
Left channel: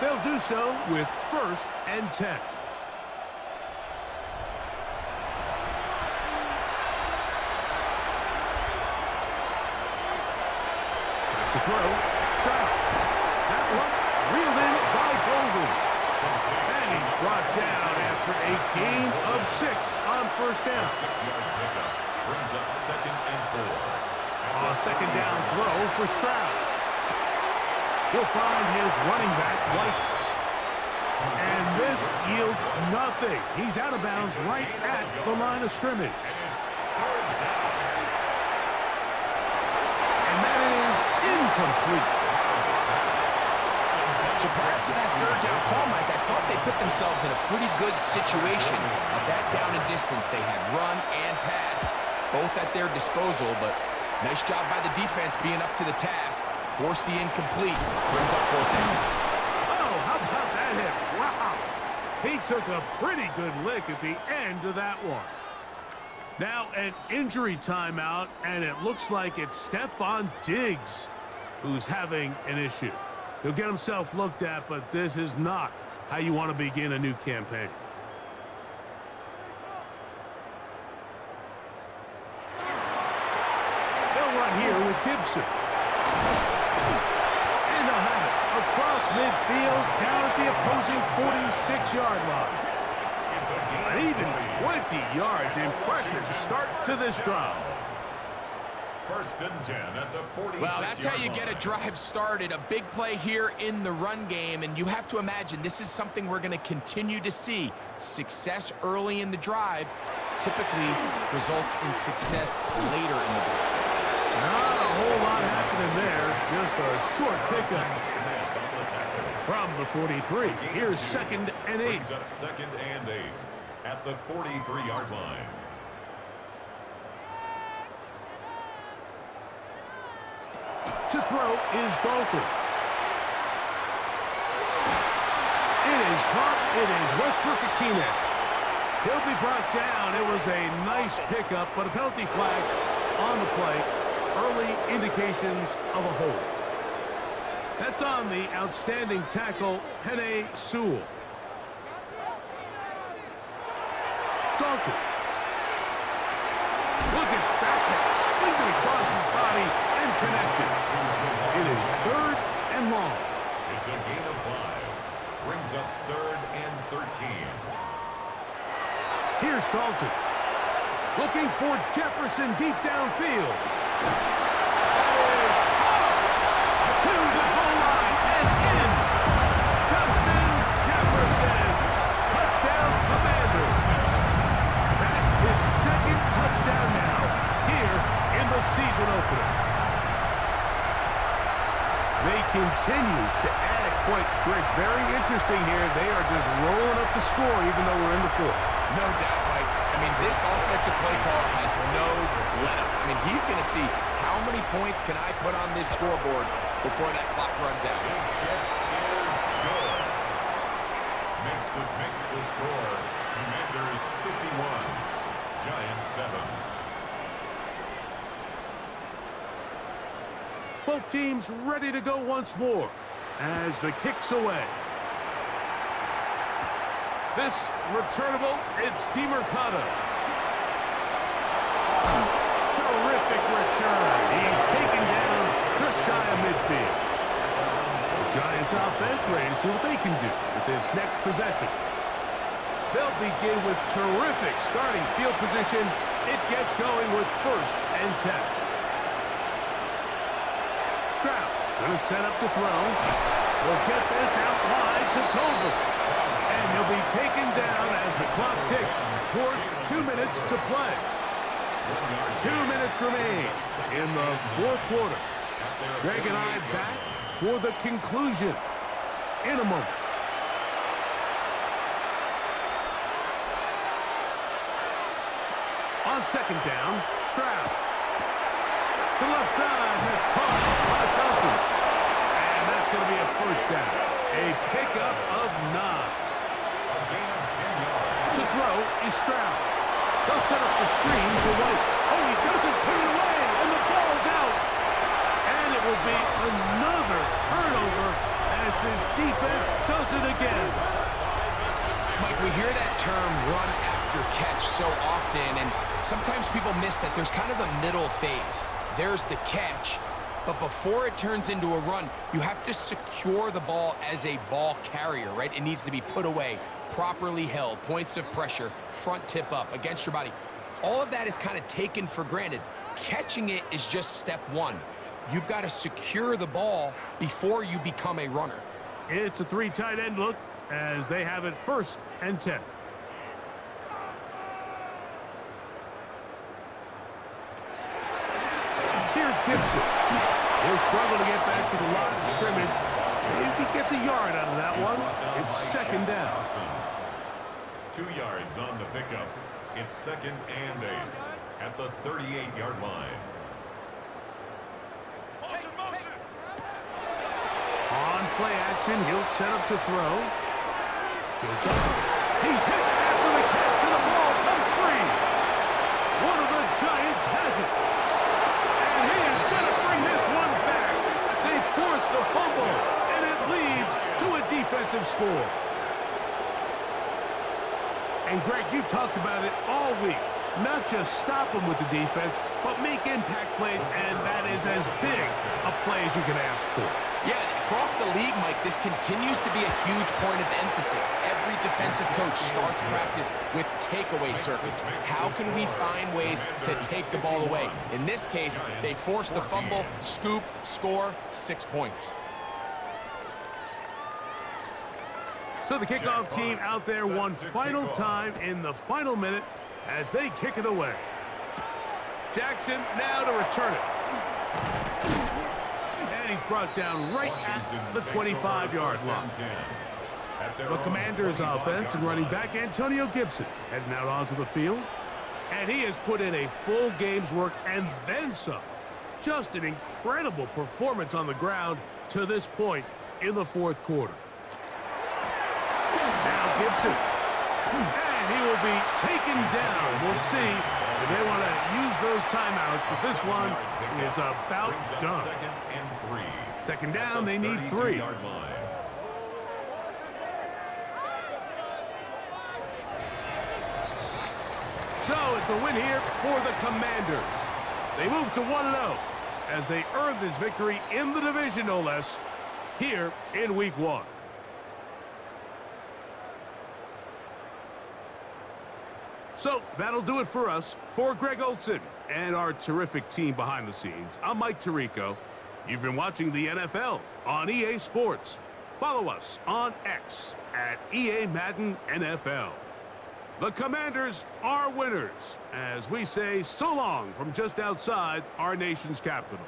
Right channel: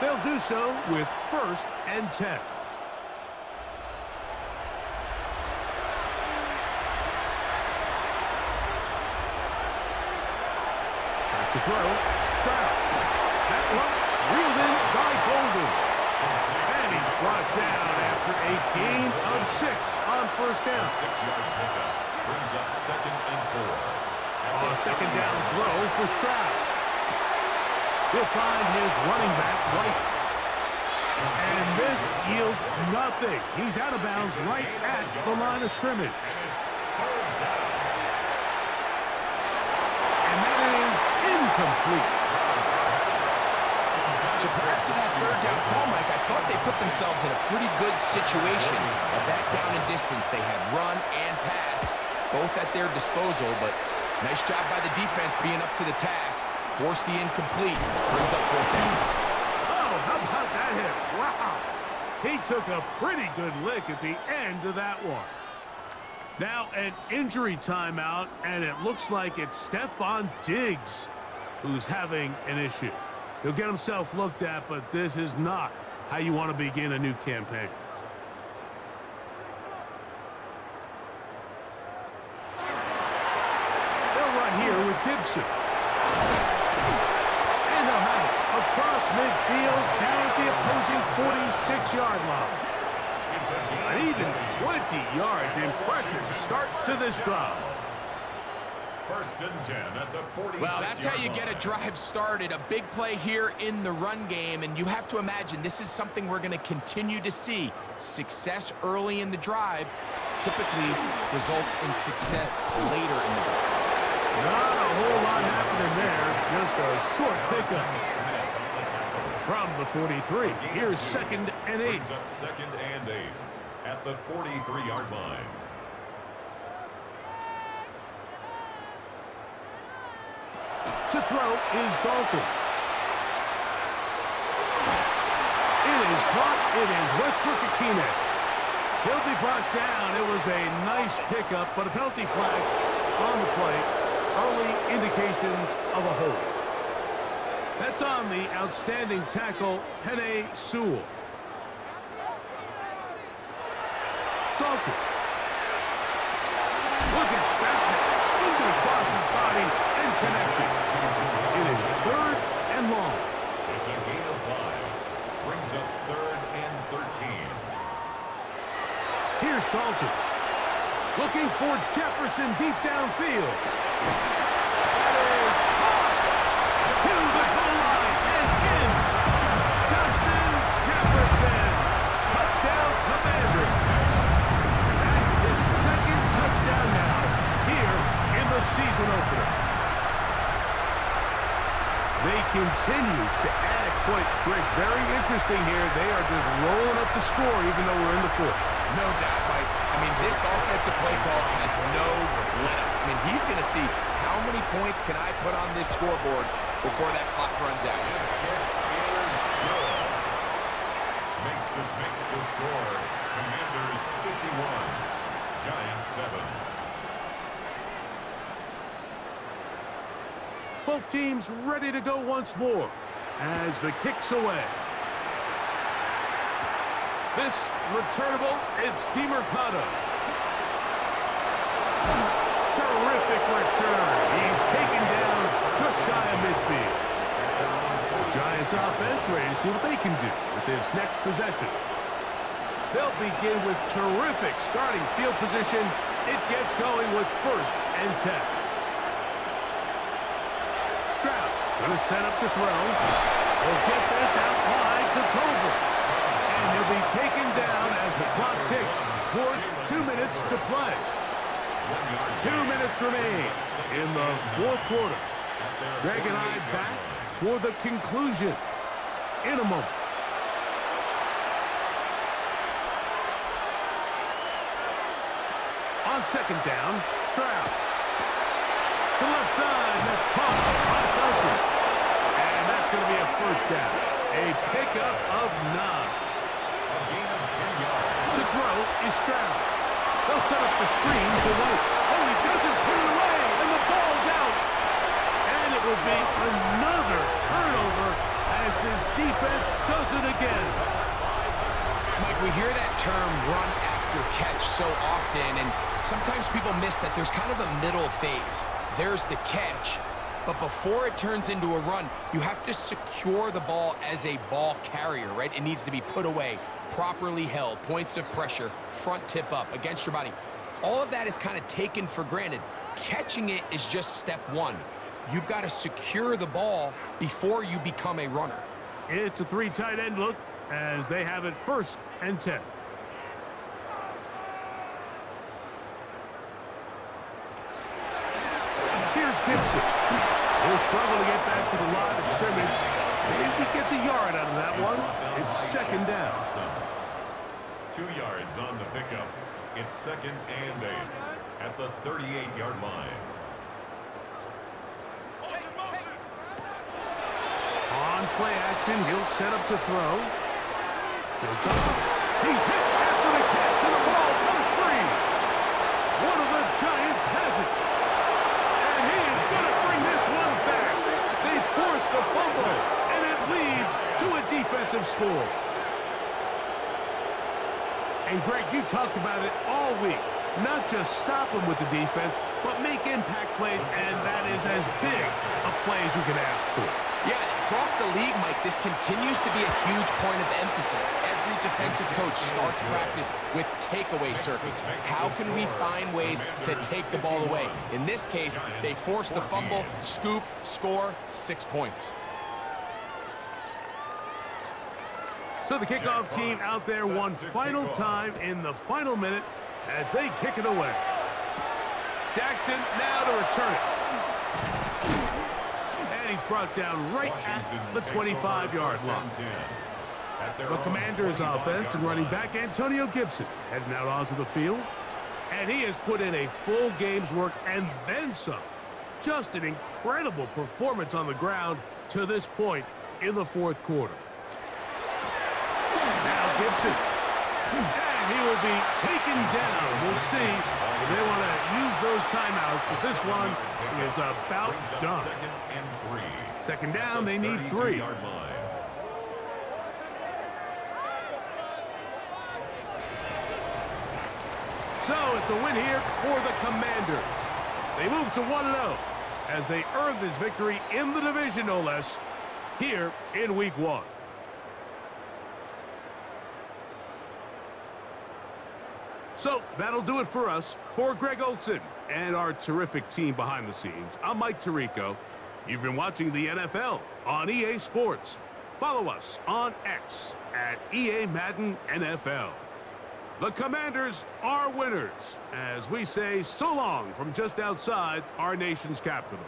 They'll do so with 1st and 10. Back to throw. Stroud. That one reeled in by Golden. And he's brought down after a gain of 6 on 1st down. A 6-yard pickup brings up 2nd and 4. A 2nd down throw for Stroud. He'll find his running back, White. And this yields nothing. He's out of bounds right at the line of scrimmage. And it's 3rd down. And that is incomplete. So prior to that 3rd down call, Mike, I thought they put themselves in a pretty good situation at that down and distance. They had run and pass, both at their disposal, but nice job by the defense being up to the task. Forced the incomplete, brings up 4th down. Oh, how about that hit? Wow. He took a pretty good lick at the end of that one. Now an injury timeout, and it looks like it's Stephon Diggs who's having an issue. He'll get himself looked at, but this is not how you want to begin a new campaign. They'll run here with Gibson. And they'll have it across midfield down at the opposing 46-yard line. An even 20 yards. Impressive start to this drive. First and 10 at the 46-yard line. Well, that's how you get a drive started. A big play here in the run game, and you have to imagine this is something we're going to continue to see. Success early in the drive typically results in success later in the drive. Not a whole lot happening there. Just a short pickup. Smith on the tackle. From the 43, here's 2nd and 8. Brings up 2nd and 8 at the 43-yard line. To throw is Dalton. It is caught. It is Westbrook-Akine. He'll be brought down. It was a nice pickup, but a penalty flag on the play. Early indications of a hold. That's on the outstanding tackle, Penei Sewell. Dalton. Look at that. Slinged it across his body and connected. It is 3rd and long. It's a gain of 5. Brings up 3rd and 13. Here's Dalton. Looking for Jefferson deep downfield. That is caught to the goal line and in. Justin Jefferson. Touchdown, Commanders. That is 2nd touchdown now here in the season opener. They continue to add points. Greg, very interesting here. They are just rolling up the score even though we're in the 4th. No doubt, Mike. I mean, this offensive play caller has no let-up. I mean, he's going to see how many points can I put on this scoreboard before that clock runs out. His kick is good. Makes the score. Commanders 51. Giants 7. Both teams ready to go once more as the kick's away. This returnable, it's DeMercado. Terrific return. He's taken down just shy of midfield. The Giants offense ready to see what they can do with this next possession. They'll begin with terrific starting field position. It gets going with 1st and 10. Stroud gonna set up to throw. He'll get this out wide to Tolbert. And he'll be taken down as the clock ticks towards 2 minutes to play. 2 minutes remain in the 4th quarter. Greg and I back for the conclusion in a moment. On 2nd down, Stroud. To the left side, that's caught by Felton. And that's going to be a 1st down. A pickup of 9. A gain of 10 yards. To throw is Stroud. They'll set up the screen to White. Oh, he doesn't put it away, and the ball's out. And it will be another turnover as this defense does it again. Mike, we hear that term run after catch so often, and sometimes people miss that there's kind of a middle phase. There's the catch, but before it turns into a run, you have to secure the ball as a ball carrier, right? It needs to be put away, properly held, points of pressure, front tip up against your body. All of that is kind of taken for granted. Catching it is just step 1. You've got to secure the ball before you become a runner. It's a 3 tight end look as they have it 1st and 10. Here's Gibson. He'll struggle to get back to the line of scrimmage. Maybe he gets a yard out of that one. It's 2nd down. 2 yards on the pickup. It's 2nd and 8 at the 38-yard line. On play action, he'll set up to throw. He's hit after the catch, and the ball comes free. One of the Giants has it. And he is going to bring this one back. They force the fumble, and it leads to a defensive score. And, Greg, you talked about it all week. not just stop them with the defense, but make impact plays, and that is as big a play as you can ask for. Yeah, across the league, Mike, this continues to be a huge point of emphasis. Every defensive coach starts practice with takeaway circuits. How can we find ways to take the ball away? In this case, they force the fumble, scoop, score, 6 points. So the kickoff team out there one final time in the final minute as they kick it away. Jaxon now to return it. And he's brought down right at the 25-yard line. The Commanders' offense and running back Antonio Gibson heading out onto the field. And he has put in a full game's work and then some. Just an incredible performance on the ground to this point in the fourth quarter. Now Gibson. And he will be taken down. We'll see if they want to use those timeouts, but this one is about done. Second down, they need 3. So it's a win here for the Commanders. They move to 1-0 as they earn this victory in the division, no less, here in Week 1. So that'll do it for us. For Greg Olson and our terrific team behind the scenes, I'm Mike Tirico. You've been watching the NFL on EA Sports. Follow us on X at EA Madden NFL. The Commanders are winners as we say so long from just outside our nation's capital.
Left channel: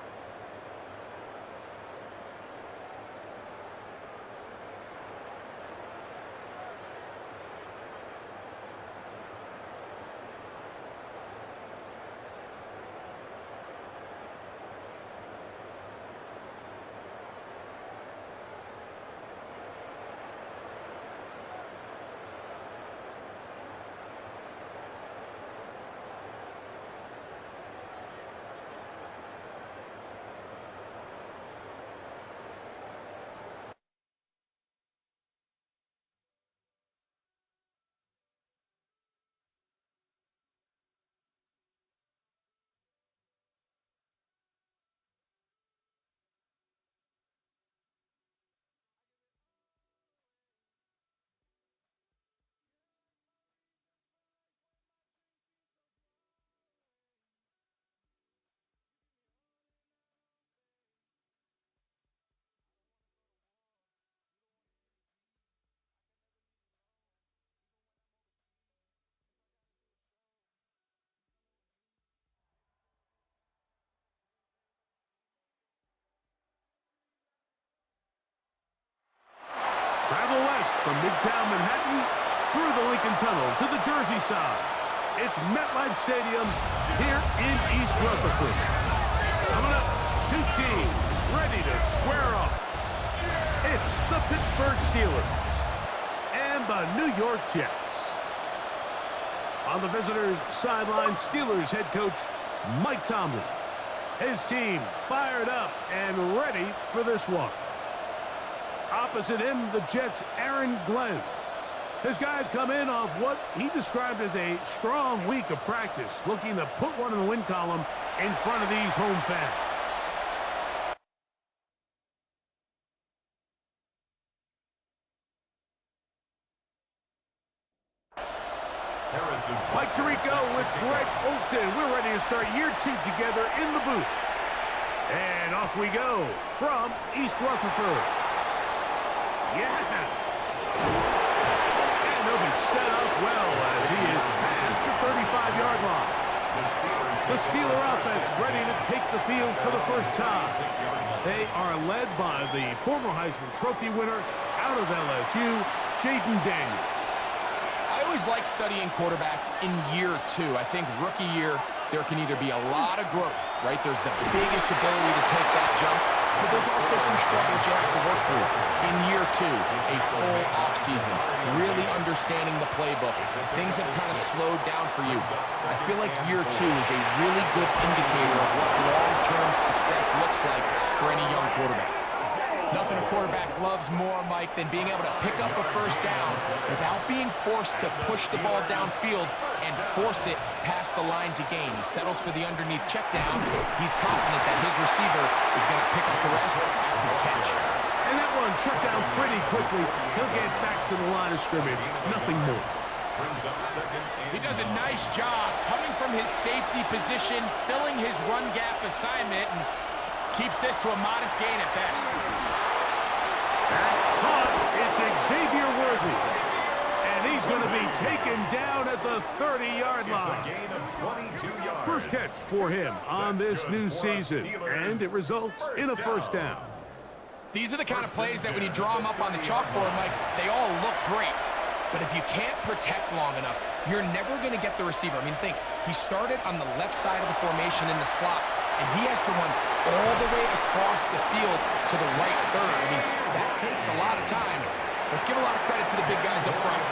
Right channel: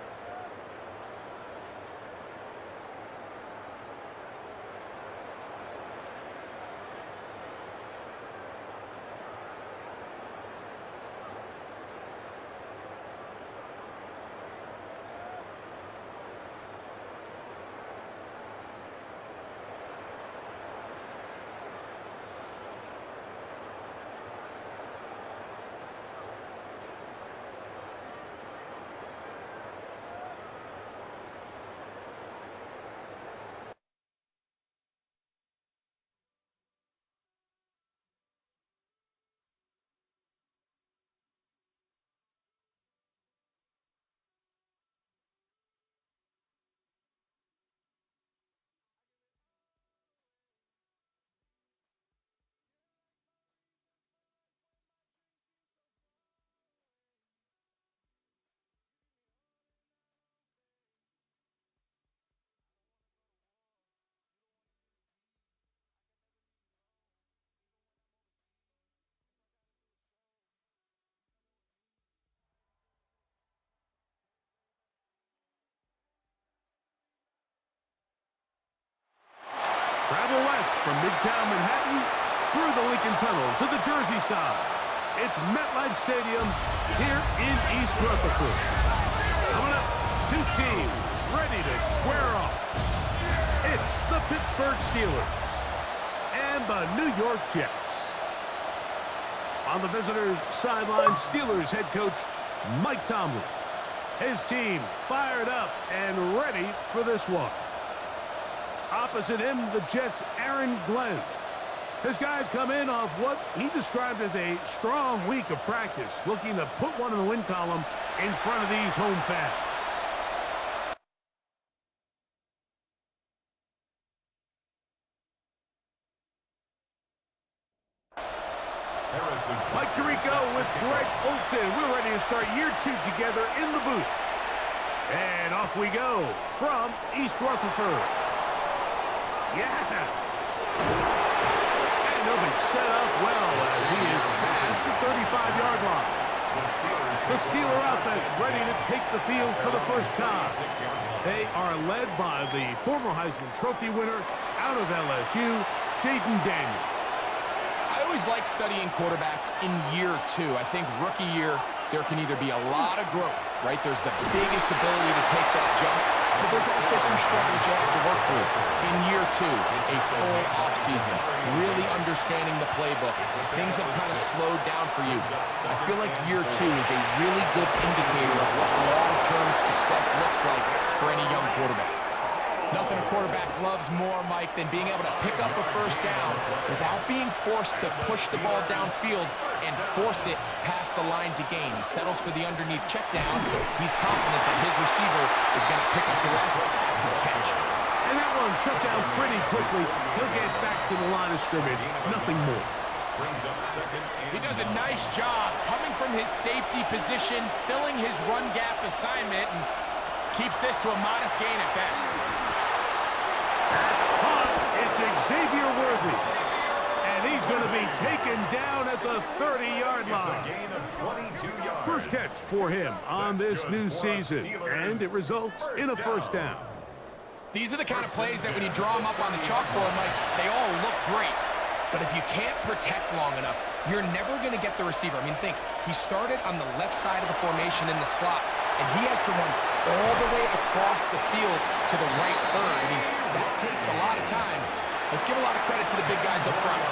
Travel west from Midtown Manhattan through the Lincoln Tunnel to the Jersey side. It's MetLife Stadium here in East Rutherford. Coming up, 2 teams ready to square off. It's the Pittsburgh Steelers and the New York Jets. On the visitors' sideline, Steelers head coach Mike Tomlin. His team fired up and ready for this one. Opposite him, the Jets' Aaron Glenn. His guys come in off what he described as a strong week of practice, looking to put one in the win column in front of these home fans. Mike Tirico with Greg Olson. We're ready to start year 2 together in the booth. And off we go from East Rutherford. Yeah. And they'll be set up well as he is past the 35-yard line. The Steeler offense ready to take the field for the first time. They are led by the former Heisman Trophy winner out of LSU, Jaden Daniels. I always like studying quarterbacks in year 2. I think rookie year, there can either be a lot of growth, right? There's the biggest ability to take that jump, but there's also some struggles you have to work through. In year 2, a full offseason, really understanding the playbook. Things have kind of slowed down for you. I feel like year 2 is a really good indicator of what long-term success looks like for any young quarterback. Nothing a quarterback loves more, Mike, than being able to pick up a first down without being forced to push the ball downfield and force it past the line to gain. He settles for the underneath check down. He's confident that his receiver is going to pick up the rest after the catch. And that one shut down pretty quickly. He'll get back to the line of scrimmage. Nothing more. Brings up second. He does a nice job coming from his safety position, filling his run gap assignment, and keeps this to a modest gain at best. That's caught. It's Xavier Worthy. And he's going to be taken down at the 30-yard line. It's a gain of 22 yards. First catch for him on this new season. And it results in a first down. These are the kind of plays that when you draw them up on the chalkboard, Mike, they all look great. But if you can't protect long enough, you're never going to get the receiver. I mean, think, he started on the left side of the formation in the slot, and he has to run all the way across the field to the right third. I mean, that takes a lot of time. Let's give a lot of credit to the big guys up front.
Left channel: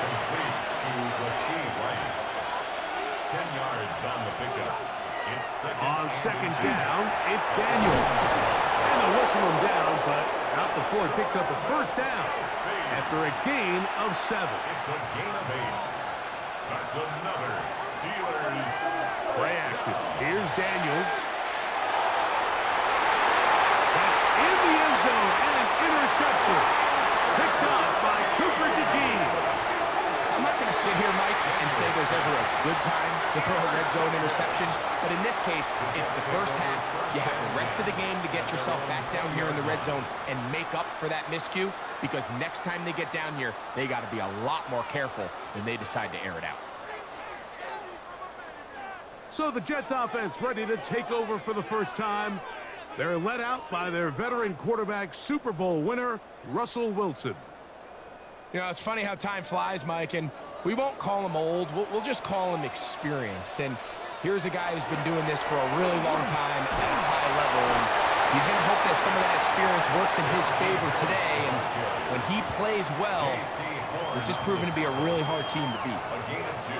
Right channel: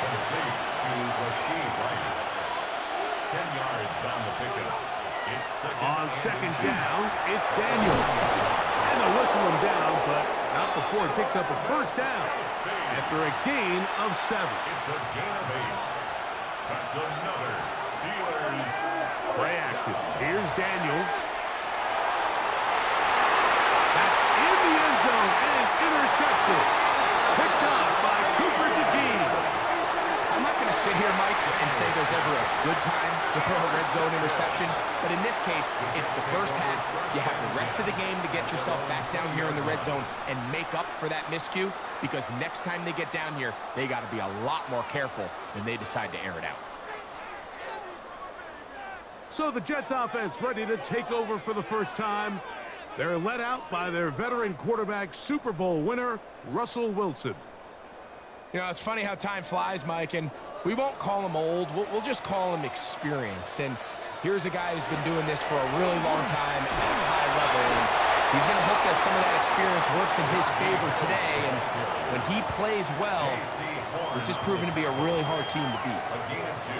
Complete to Rachaad Rice. 10 yards on the pickup. It's second down, it's Daniels. And they'll whistle him down, but not before he picks up a first down after a gain of 7. It's a gain of 8. That's another Steelers play action. Here's Daniels. That's in the end zone and intercepted. Picked up by Cooper DeJean. I'm not going to sit here, Mike, and say there's ever a good time to throw a red zone interception, but in this case, it's the first half. You have the rest of the game to get yourself back down here in the red zone and make up for that miscue, because next time they get down here, they got to be a lot more careful when they decide to air it out. So the Jets offense ready to take over for the first time. They're led out by their veteran quarterback, Super Bowl winner, Russell Wilson. You know, it's funny how time flies, Mike, and we won't call him old. We'll just call him experienced. And here's a guy who's been doing this for a really long time at a high level. And he's going to hope that some of that experience works in his favor today. And when he plays well, this is proven to be a really hard team to beat. A gain of 2.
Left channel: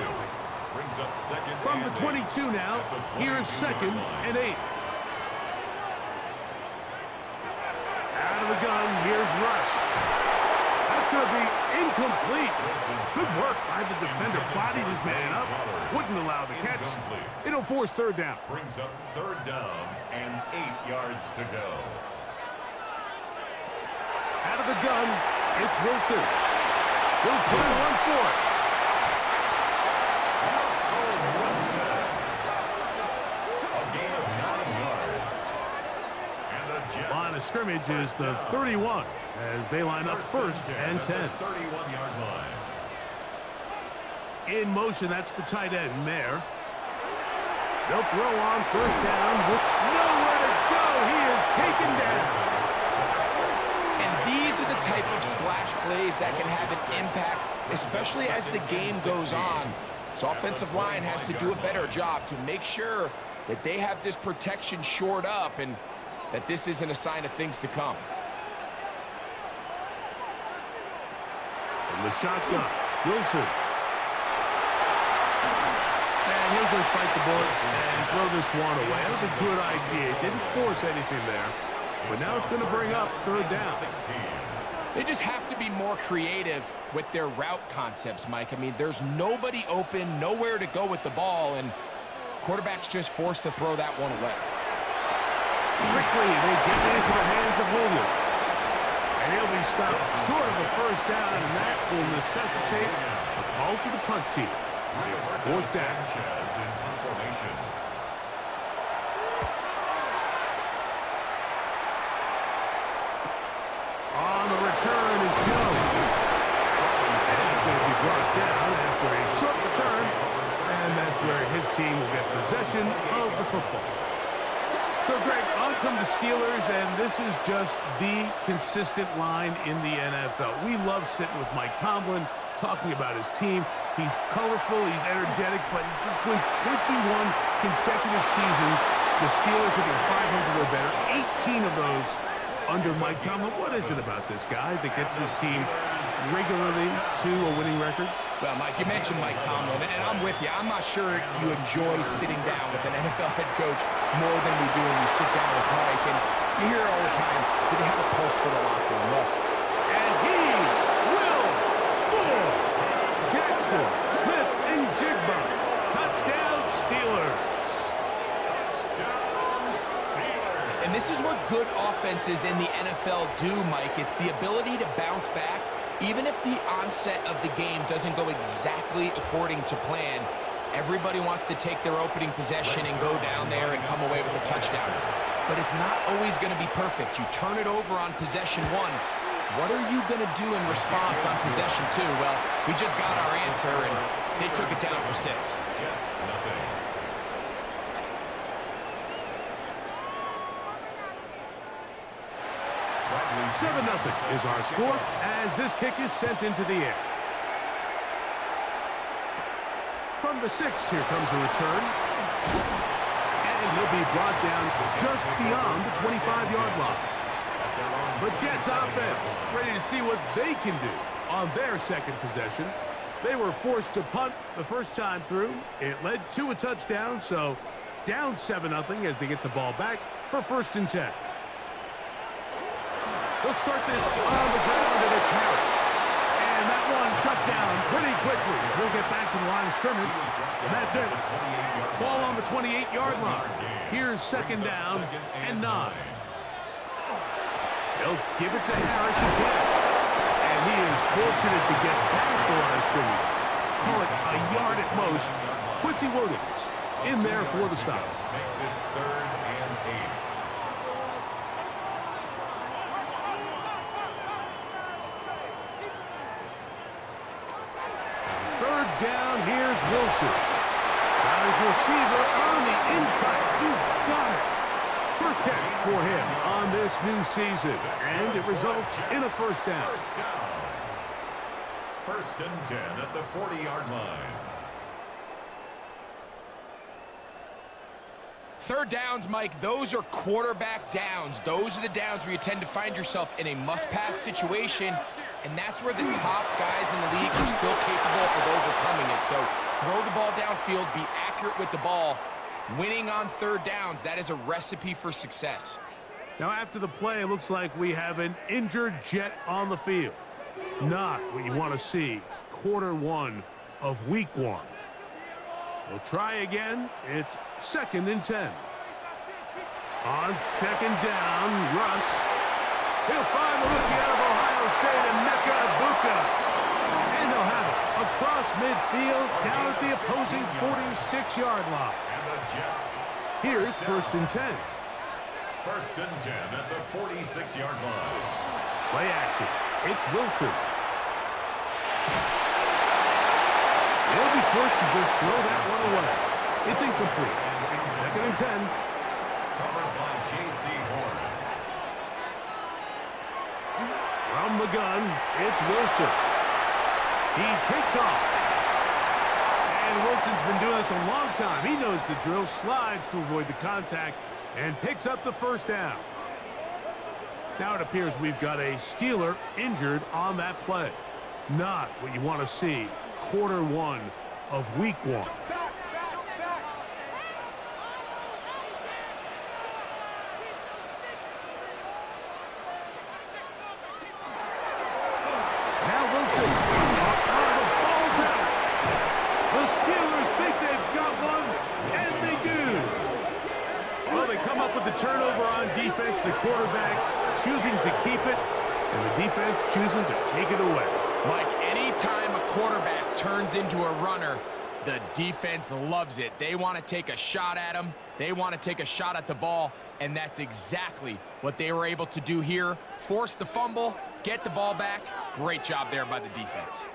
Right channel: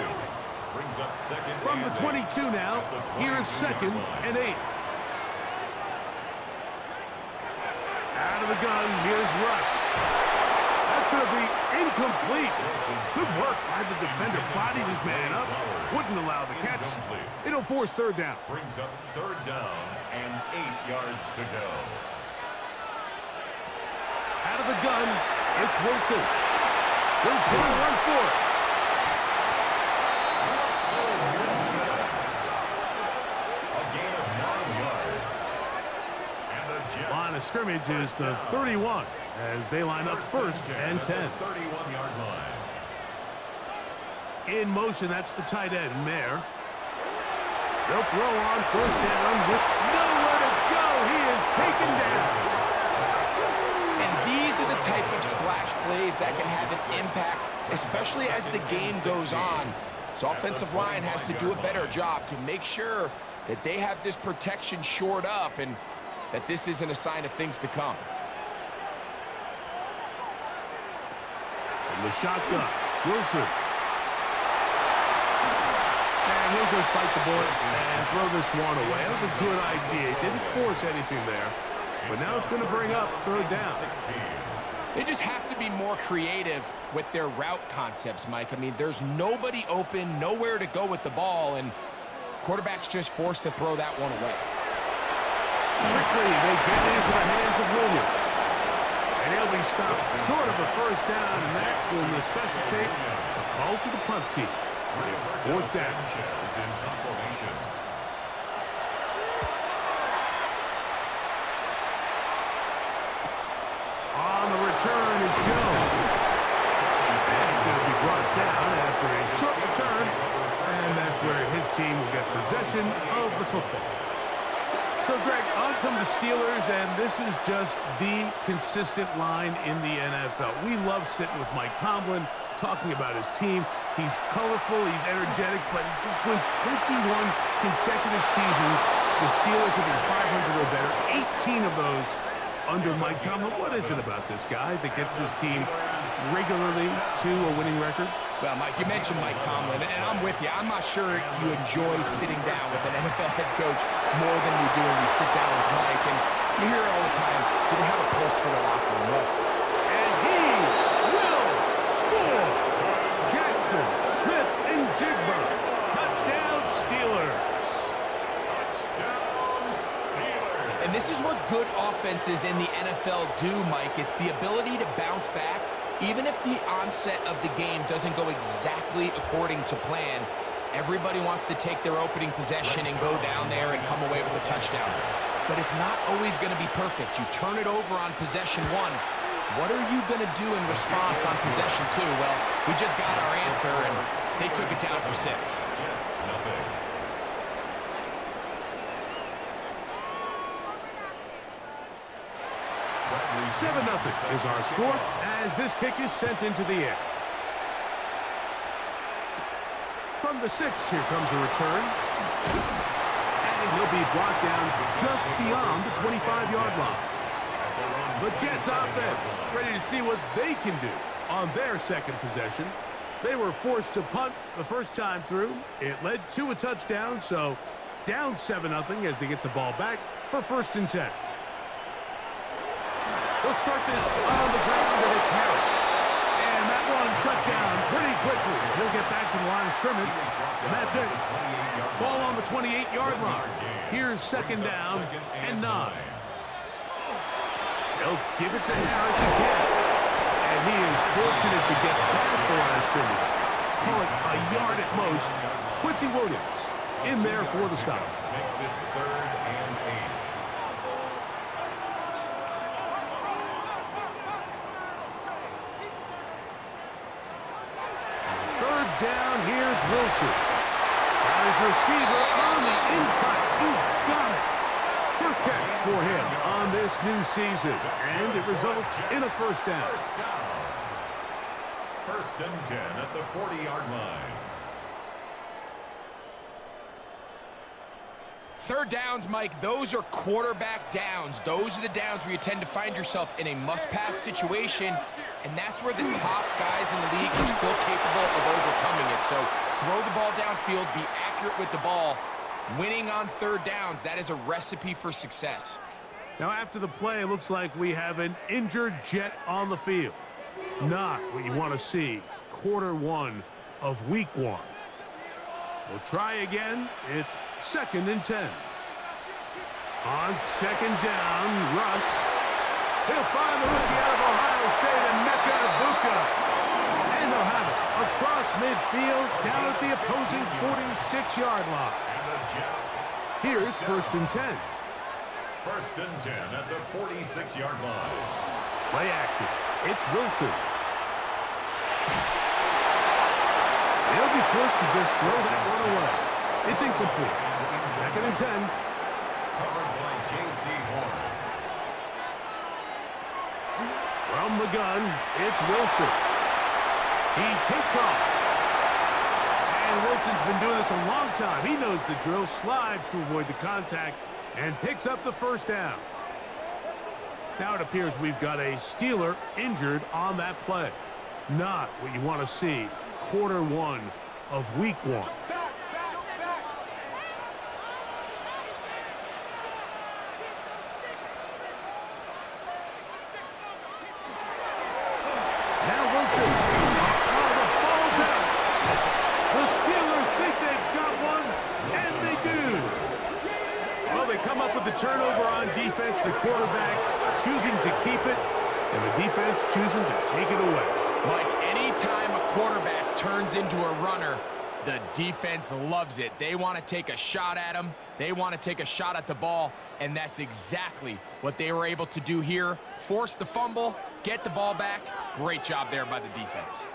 Brings up second. From the 22 now, here's second and 8. Out of the gun, here's Russ. That's going to be incomplete. Good work by the defender. Bodied his man up. Wouldn't allow the catch. It'll force third down. Brings up third down and 8 yards to go. Out of the gun, it's Wilson. He'll try to run for it. Russell Wilson. A gain of 9 yards. And the Jets. Line of scrimmage is the 31. As they line up first and 10. 31-yard line. In motion, that's the tight end, Mayer. They'll throw on first down with nowhere to go. He is taken down. And these are the type of splash plays that can have an impact, especially as the game goes on. So offensive line has to do a better job to make sure that they have this protection shored up and that this isn't a sign of things to come. From the shotgun, Wilson. And he'll just bite the bullet and throw this one away. That was a good idea. He didn't force anything there. But now it's going to bring up third down. They just have to be more creative with their route concepts, Mike. I mean, there's nobody open, nowhere to go with the ball, and quarterback's just forced to throw that one away. Quickly, they get it into the hands of Williams. And he'll be stopped short of a first down, and that will necessitate a call to the punt team. It's fourth down. In formation. On the return is Jones. And he's going to be brought down after a short return, and that's where his team will get possession of the football. So, Greg, on come the Steelers, and this is just the consistent line in the NFL. We love sitting with Mike Tomlin, talking about his team. He's colorful, he's energetic, but he just wins 21 consecutive seasons. The Steelers have been 500 or better, 18 of those under Mike Tomlin. What is it about this guy that gets this team regularly to a winning record? Well, Mike, you mentioned Mike Tomlin, and I'm with you. I'm not sure you enjoy sitting down with an NFL head coach more than we do when we sit down with Mike. And You hear it all the time. Do they have a pulse for the locker room? Well, And he will score. Jaxon, Smith-Njigba. Touchdown, Steelers. Touchdown, Steelers. and this is what good offenses in the NFL do, Mike. It's the ability to bounce back, even if the onset of the game doesn't go exactly according to plan. Everybody wants to take their opening possession and go down there and come away with a touchdown. But it's not always going to be perfect. You turn it over on possession one. What are you going to do in response on possession two? Well, we just got our answer, and they took it down for 6. Jets, nothing. Bradley 7-0 is our score as this kick is sent into the air. From the 6, here comes a return. And he'll be brought down just beyond the 25-yard line. The Jets offense ready to see what they can do on their second possession. They were forced to punt the first time through. It led to a touchdown, so down 7-0 as they get the ball back for 1st and 10. They'll start this on the ground, and it's Harris. And that one shut down pretty quickly. He'll get back to the line of scrimmage, and that's it. Ball on the 28-yard line. Here's 2nd down and 9. They'll give it to Harris again. And he is fortunate to get past the line of scrimmage. Call it a yard at most. Quincy Williams in there for the stop. Makes it 3rd and 8. Third down, here's Wilson. Got his receiver on the in-cut. He's got it. First catch for him on this new season, and it results in a 1st down. 1st and 10 at the 40-yard line. 3rd downs, Mike, those are quarterback downs. Those are the downs where you tend to find yourself in a must-pass situation, and that's where the top guys in the league are still capable of overcoming it. So throw the ball downfield, be accurate with the ball. Winning on 3rd downs, that is a recipe for success. Now after the play, it looks like we have an injured Jet on the field. Not what you want to see. Quarter 1 of week 1. We'll try again. It's 2nd and 10. On 2nd down, Russ. He'll find the rookie out of Ohio State, Emeka. And they'll have it across midfield down at the opposing 46-yard line. And the Jets. Here's 1st and 10. 1st and 10 at the 46-yard line. Play action. It's Wilson. He'll be forced to just throw that one away. It's incomplete. 2nd and 10. Covered by J.C. Horn. From the gun, it's Wilson. He takes off. And Wilson's been doing this a long time. He knows the drill, slides to avoid the contact, and picks up the 1st down. Now it appears we've got a Steeler injured on that play. Not what you want to see. Quarter 1 of week 1. Now Wilson. The ball's out. The Steelers think they've got one, and they do. Well, they come up with the turnover on defense. The quarterback choosing to keep it, and the defense choosing to take it away. Mike, anytime a quarterback turns into a runner, the defense loves it. They want to take a shot at him. They want to take a shot at the ball, and that's exactly what they were able to do here. Force the fumble, get the ball back. Great job there by the defense.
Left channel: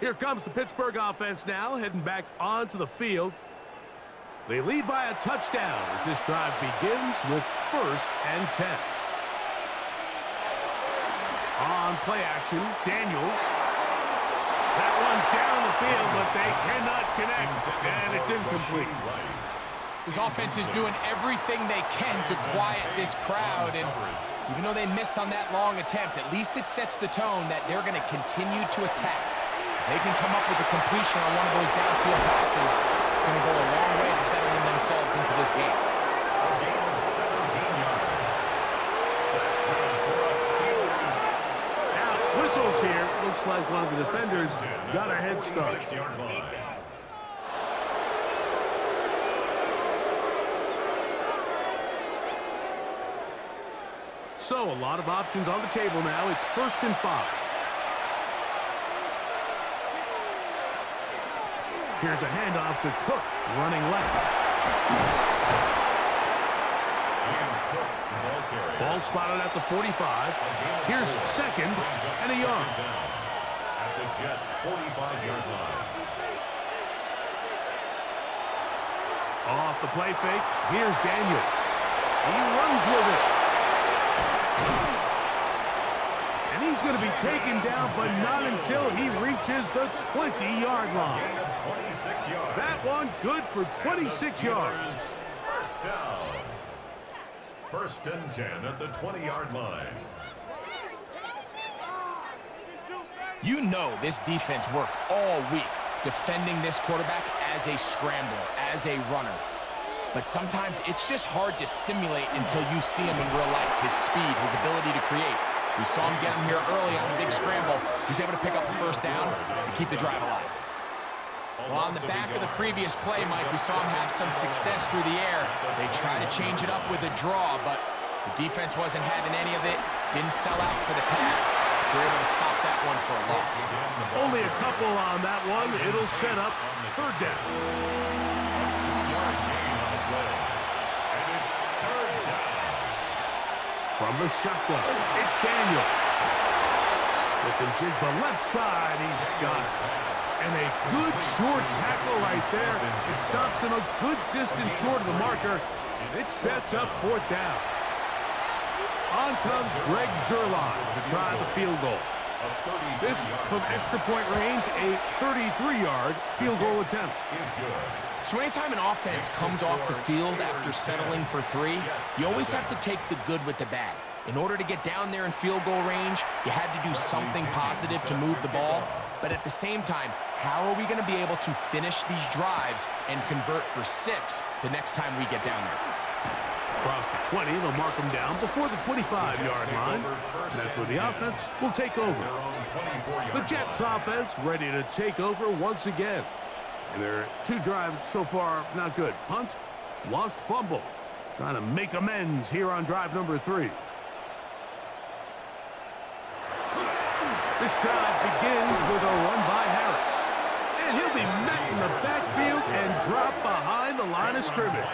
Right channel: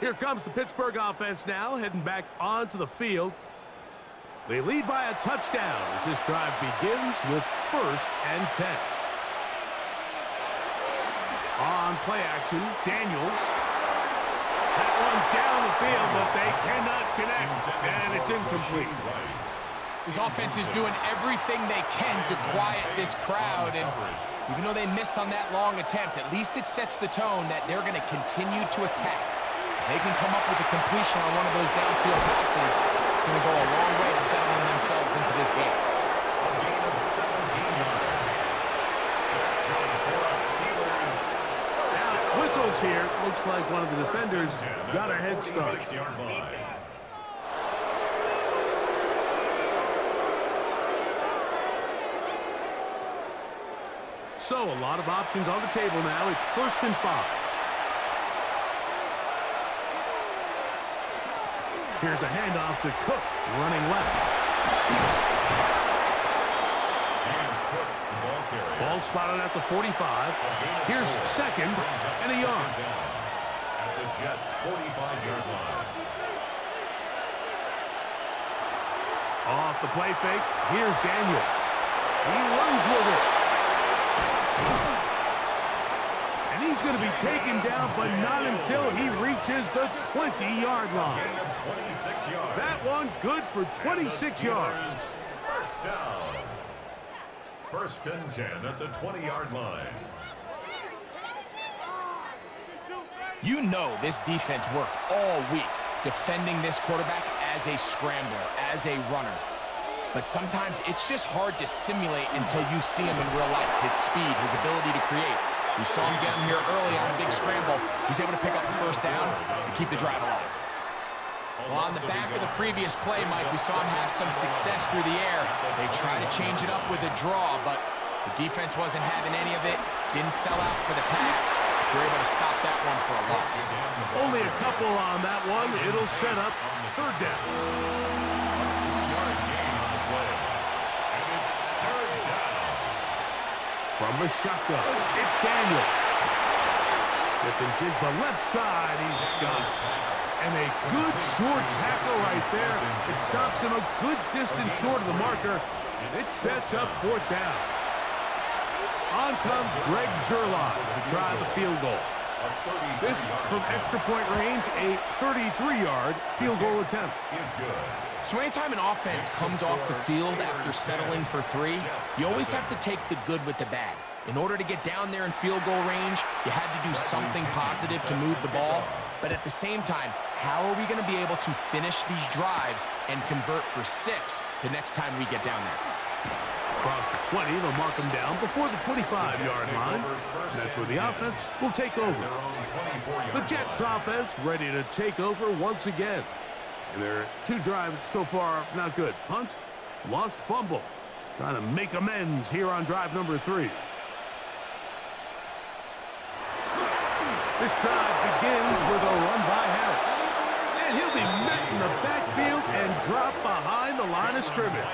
Here comes the Pittsburgh offense now, heading back onto the field. They lead by a touchdown as this drive begins with 1st and 10. On play action, Daniels. That one down the field, but they cannot connect, and it's incomplete. This offense is doing everything they can to quiet this crowd, and even though they missed on that long attempt, at least it sets the tone that they're going to continue to attack. If they can come up with a completion on one of those downfield passes, it's going to go a long way to settling themselves into this game. A gain of 17 yards. whistles here. Looks like one of the defenders got a head start. So, a lot of options on the table now. It's 1st and 5. Here's a handoff to Cook, running left. James Cook, ball carrier. Ball spotted at the 45. Here's 2nd and a yard. At the Jets' 45-yard line. Off the play fake, here's Daniels. He runs with it. And he's going to be taken down, but not until he reaches the 20-yard line. Gain of 26 yards. That one good for 26 yards. First down. 1st and 10 at the 20-yard line. You know this defense worked all week defending this quarterback as a scrambler, as a runner. But sometimes it's just hard to simulate until you see him in real life. His speed, his ability to create. We saw him get him here early on a big scramble. He's able to pick up the 1st down and keep the drive alive. Well, on the back of the previous play, Mike, we saw him have some success through the air. They tried to change it up with a draw, but the defense wasn't having any of it. Didn't sell out for the pass. They were able to stop that one for a loss. Only a couple on that one. It'll set up 3rd down. A 2-yard gain on the play. And it's 3rd down. From the shotgun, it's Daniels. Smith-Njigba left side, he's got it. And a good short tackle right there. It stops him a good distance short of the marker. It sets up 4th down. On comes Greg Zuerlein to try the field goal. This, from extra point range, a 33-yard field goal attempt. Is good. So anytime an offense comes off the field after settling for 3, you always have to take the good with the bad. In order to get down there in field goal range, you had to do something positive to move the ball. But at the same time, how are we going to be able to finish these drives and convert for 6 the next time we get down there? Across the 20, they'll mark him down before the 25-yard line. That's where the offense will take over. The Jets offense ready to take over once again. And their 2 drives so far not good. Punt, lost fumble. Trying to make amends here on drive number 3. This drive begins with a run by Harris. And he'll be met in the backfield and dropped behind the line of scrimmage.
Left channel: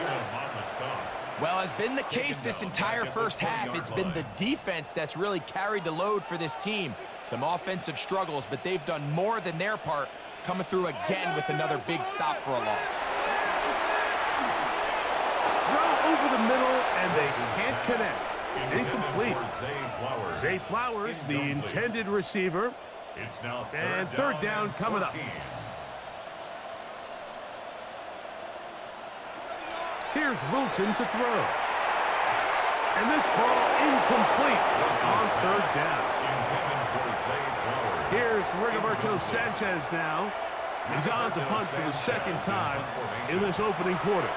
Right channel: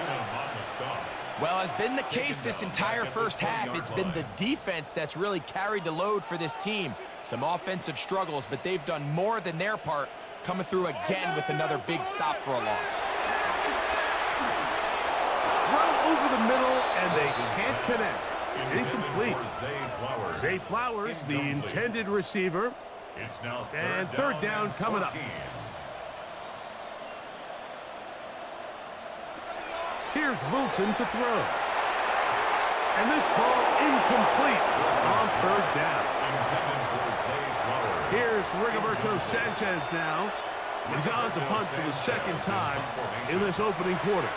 Well, as been the case this entire first half, it's been the defense that's really carried the load for this team. Some offensive struggles, but they've done more than their part, coming through again with another big stop for a loss. Throw over the middle, and they can't connect. It's incomplete. Zay Flowers, the intended receiver. And 3rd down coming up. Here's Wilson to throw. And this ball incomplete on 3rd down. Here's Rigoberto Sanchez now. He's on to punt for the 2nd time in this opening quarter.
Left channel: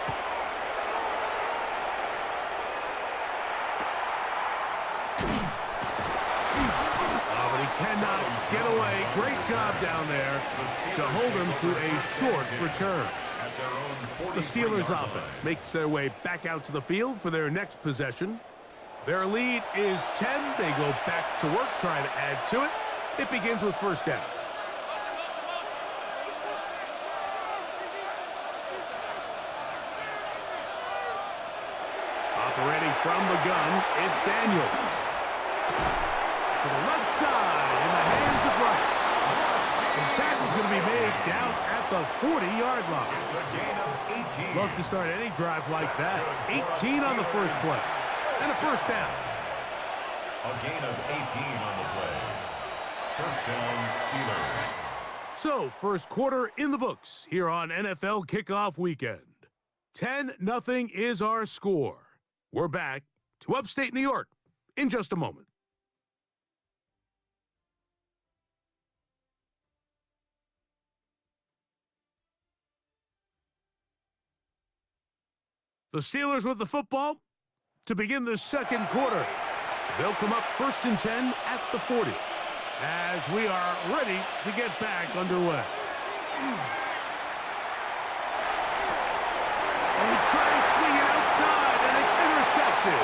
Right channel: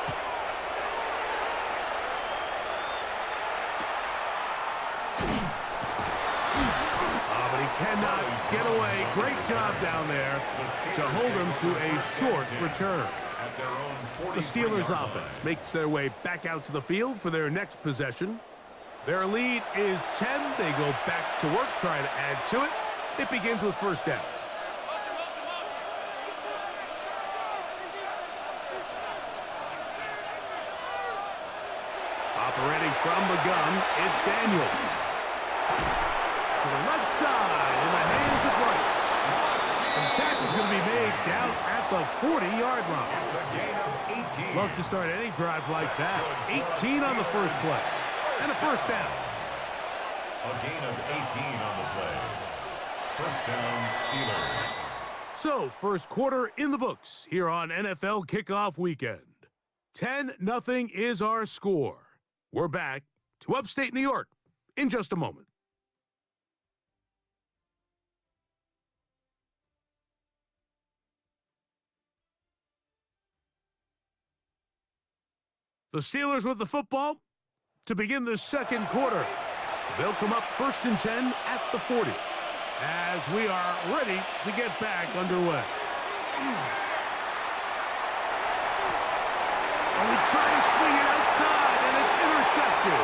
But he cannot get away. Great job down there to hold him to a short return. The Steelers offense makes their way back out to the field for their next possession. Their lead is 10. They go back to work, trying to add to it. It begins with 1st down. Operating from the gun, it's Daniels. To the left side, in the hands of Rice. And the tackle's going to be made down at the 40-yard line. It's a gain of 18. Love to start any drive like that. 18 on the first play. And a 1st down. A gain of 18 on the play. 1st down, Steelers. So, first quarter in the books here on NFL Kickoff Weekend. 10-0 is our score. We're back to upstate New York in just a moment. The Steelers with the football to begin the second quarter. They'll come up 1st and 10 at the 40. as we are ready to get back underway. And we try to swing it outside, and it's intercepted.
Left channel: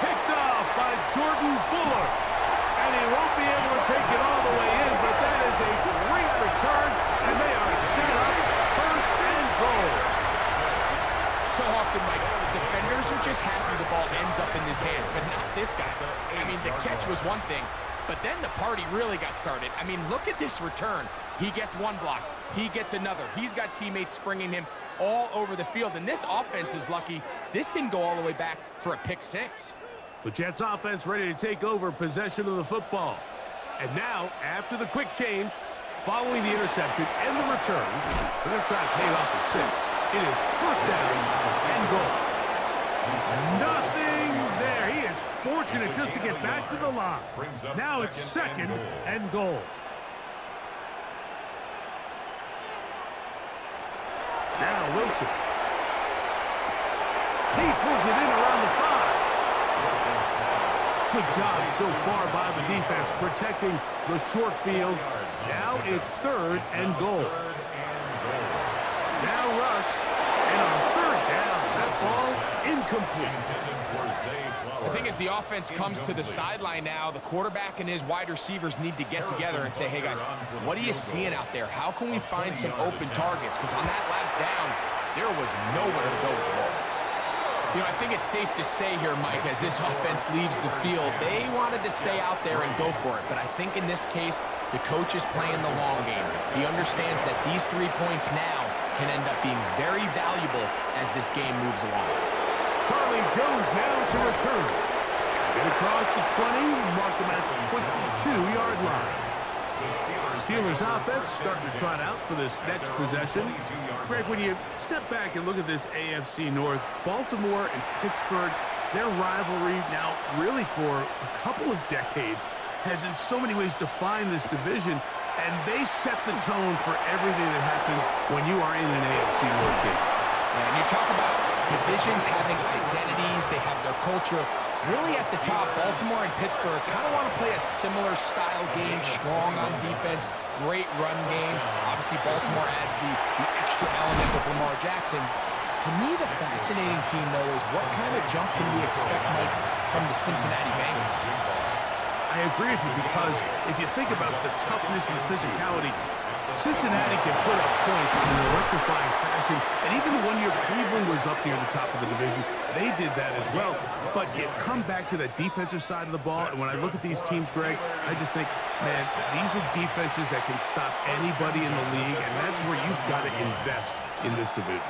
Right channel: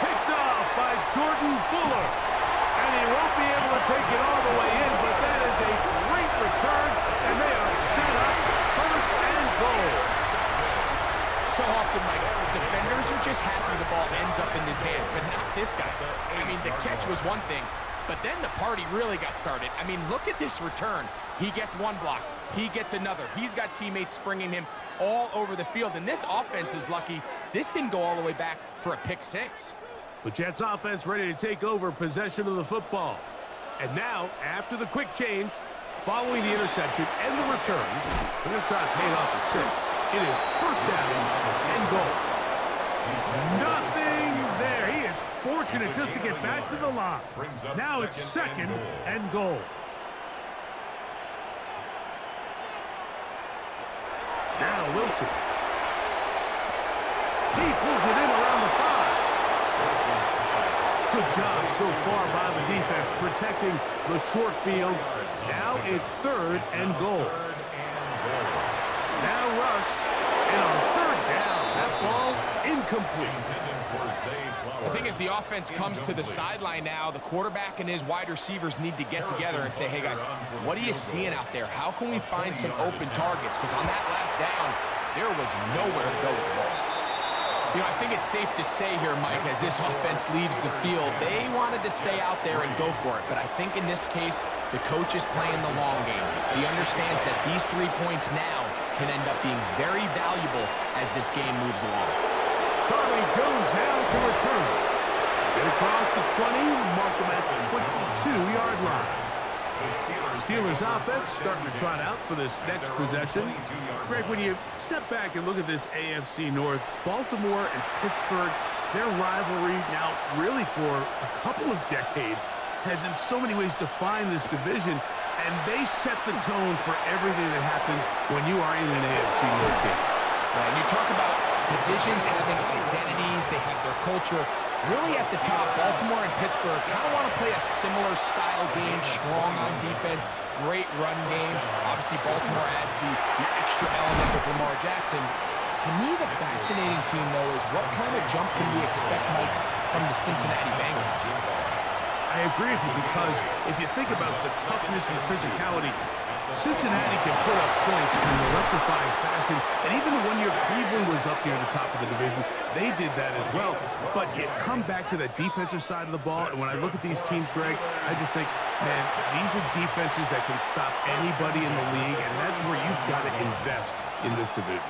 Picked off by Jordan Fuller. And he won't be able to take it all the way in, but that is a great return, and they are set up first and goal. So often, Mike, defenders are just happy the ball ends up in his hands, but not this guy. I mean, the catch was one thing, but then the party really got started. I mean, look at this return. He gets one block. He gets another. He's got teammates springing him all over the field, and this offense is lucky. This didn't go all the way back for a pick six. The Jets offense ready to take over possession of the football. And now, after the quick change, following the interception and the return, they're going to try to pay it off at 6. It is first down and goal. Nothing there. He is fortunate just to get back to the line. Now it's second and goal. Now Wilson. He pulls it in around the 5. Good job so far by the defense protecting the short field. Now it's third and goal. Now Russ, and on third down, that ball incomplete. The thing is, the offense comes to the sideline now. The quarterback and his wide receivers need to get together and say, hey, guys, what are you seeing out there? How can we find some open targets? Because on that last down, there was nowhere to go with the ball. You know, I think it's safe to say here, Mike, as this offense leaves the field, they wanted to stay out there and go for it. But I think in this case, the coach is playing the long game. He understands that these 3 points now can end up being very valuable as this game moves along. Carly Jones now to return. Get across the 20, mark them at the 22-yard line. Steelers offense starting to trot out for this next possession. Greg, when you step back and look at this AFC North, Baltimore and Pittsburgh, their rivalry now really for a couple of decades has in so many ways defined this division, and they set the tone for everything that happens when you are in an AFC North game. Yeah, and you talk about divisions having identities, they have their culture. Really at the top, Baltimore and Pittsburgh kind of want to play a similar style game, strong on defense, great run game. Obviously, Baltimore adds the extra element of Lamar Jackson. To me, the fascinating team, though, is what kind of jump can we expect, Mike, from the Cincinnati Bengals? I agree with you, because if you think about the toughness and the physicality, Cincinnati can put up points in an electrifying fashion, and even the 1 year Cleveland was up near the top of the division, they did that as well. But you come back to that defensive side of the ball, and when I look at these teams, Greg, I just think, man, these are defenses that can stop anybody in the league, and that's where you've got to invest in this division.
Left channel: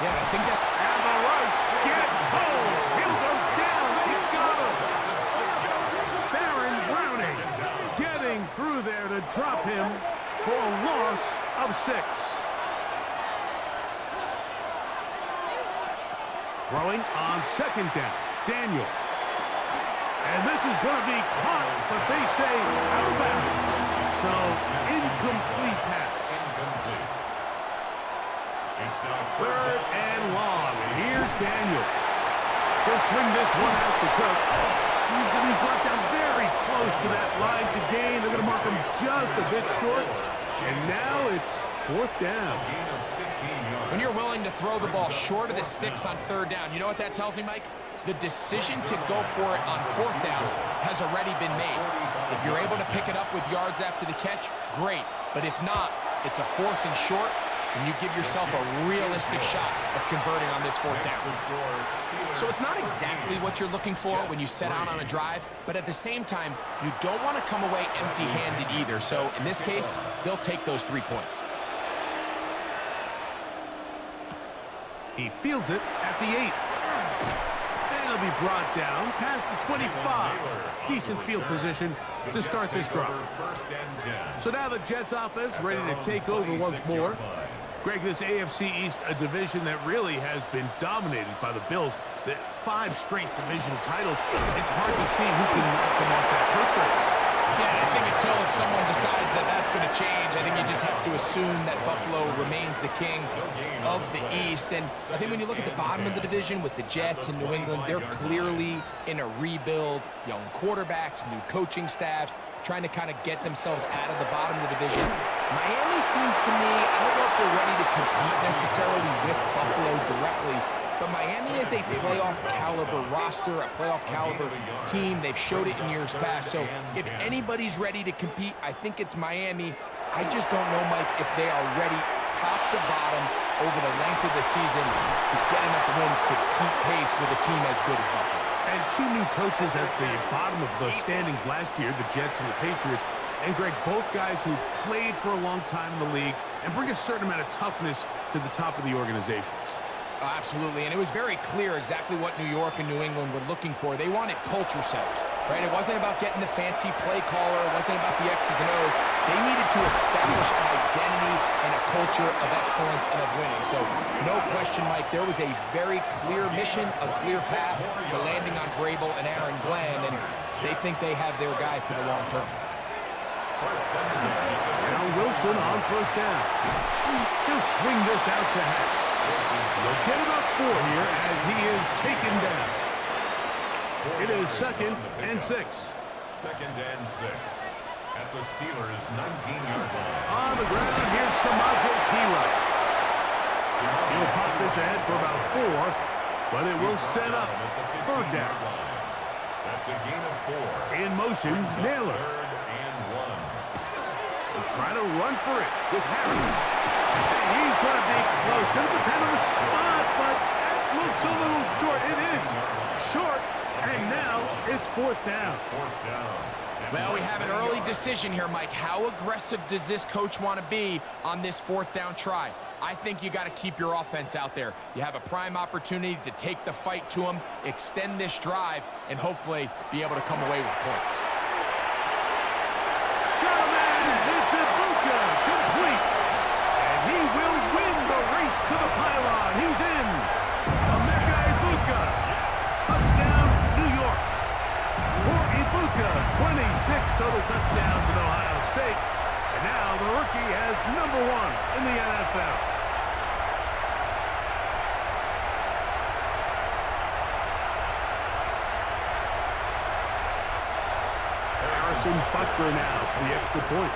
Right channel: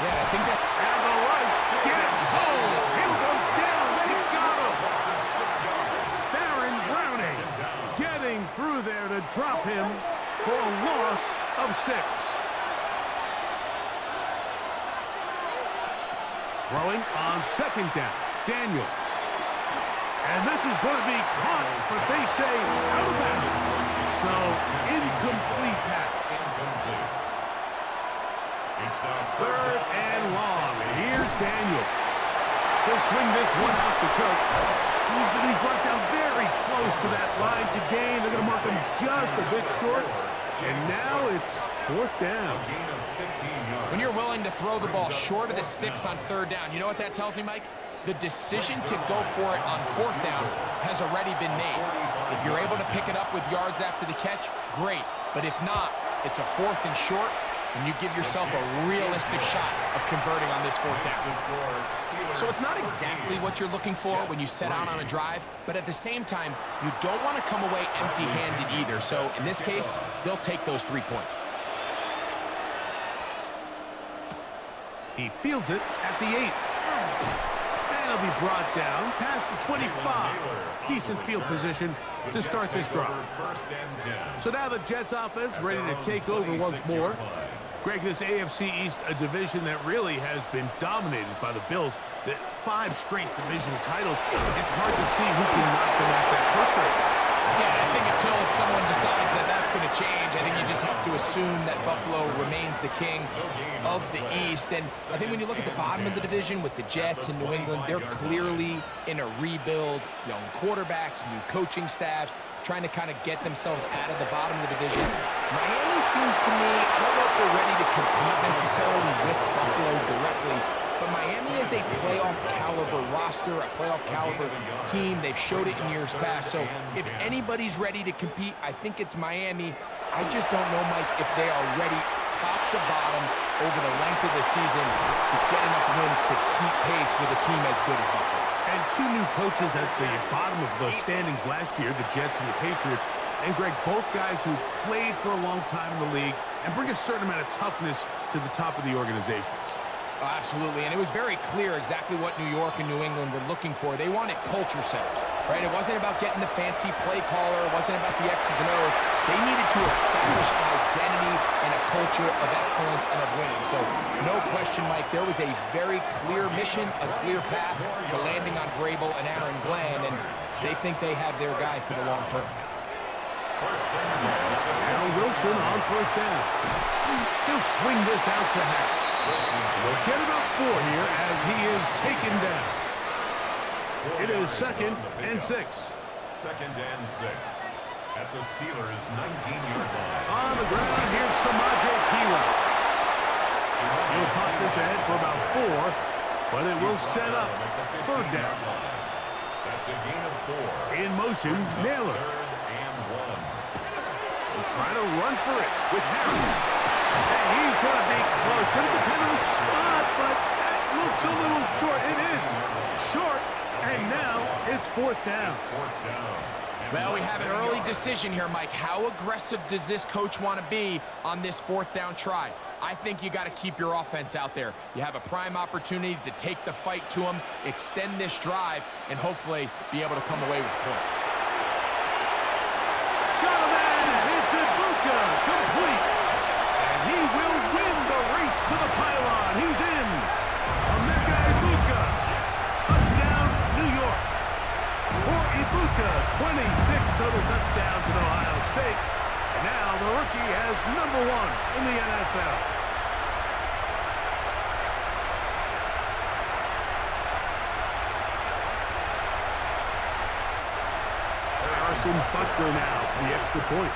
Yeah, I think that... And the rush gets home. He'll go down. They got him. Baron Browning getting through there to drop him for a loss of 6. Throwing on second down, Daniels. And this is going to be caught, but they say out of bounds. So, incomplete pass. Third and long. Here's Daniels. He'll swing this one out to Cook. He's going to be brought down very close to that line to gain. They're going to mark him just a bit short. And now it's fourth down. When you're willing to throw the ball short of the sticks on third down, you know what that tells me, Mike? The decision to go for it on fourth down has already been made. If you're able to pick it up with yards after the catch, great. But if not, it's a fourth and short, and you give yourself a realistic shot of converting on this fourth down. So it's not exactly what you're looking for when you set out on a drive, but at the same time, you don't want to come away empty-handed either. So in this case, they'll take those 3 points. He fields it at the 8. And he'll be brought down past the 25. Decent field position to start this drive. So now the Jets offense ready to take over once more. Greg, this AFC East, a division that really has been dominated by the Bills. The 5 straight division titles. It's hard to see who can knock them off that perch rate. Yeah, I think until someone decides that that's going to change, I think you just have to assume that Buffalo remains the king of the East. And I think when you look at the bottom of the division with the Jets and New England, they're clearly in a rebuild. Young quarterbacks, new coaching staffs, trying to kind of get themselves out of the bottom of the division. Miami seems to me, I don't know if they're ready to compete necessarily with Buffalo directly, but Miami is a playoff caliber roster, a playoff caliber team. They've showed it in years past. So if anybody's ready to compete, I think it's Miami. I just don't know, Mike, if they are ready top to bottom over the length of the season to get enough wins to keep pace with a team as good as Buffalo. And two new coaches at the bottom of the standings last year, the Jets and the Patriots. And, Greg, both guys who played for a long time in the league and bring a certain amount of toughness to the top of the organizations. Oh, absolutely, and it was very clear exactly what New York and New England were looking for. They wanted culture setters, right? It wasn't about getting the fancy play caller. It wasn't about the X's and O's. They needed to establish an identity and a culture of excellence and of winning. So, no question, Mike, there was a very clear mission, a clear path to landing on Vrabel and Aaron Glenn, and they think they have their guy for the long term. Now Wilson on first down. He'll swing this out to Harris. They'll get about 4 here as he is taken down. It is 2nd and 6. 2nd and 6 at the Steelers' 19-yard line. On the ground, here's CJ Stroud. He'll pop this ahead for about 4, but it will set up 3rd down. That's a gain of 4. In motion, Naylor. 3rd and 1. He'll try to run for it with Harris. Hey, he's going to be close. Going to depend on the spot, but that looks a little short. It is short, and now it's 4th down. Well, we have an early decision here, Mike. How aggressive does this coach want to be on this 4th down try? I think you got to keep your offense out there. You have a prime opportunity to take the fight to him, extend this drive, and hopefully be able to come away with points. Got a man! It's Emeka, complete. He will win the race to the pylon. He's in. Emeka, touchdown, New York. For Emeka, 26 total touchdowns in Ohio State. And now the rookie has #1 in the NFL. Harrison Butker now for the extra point.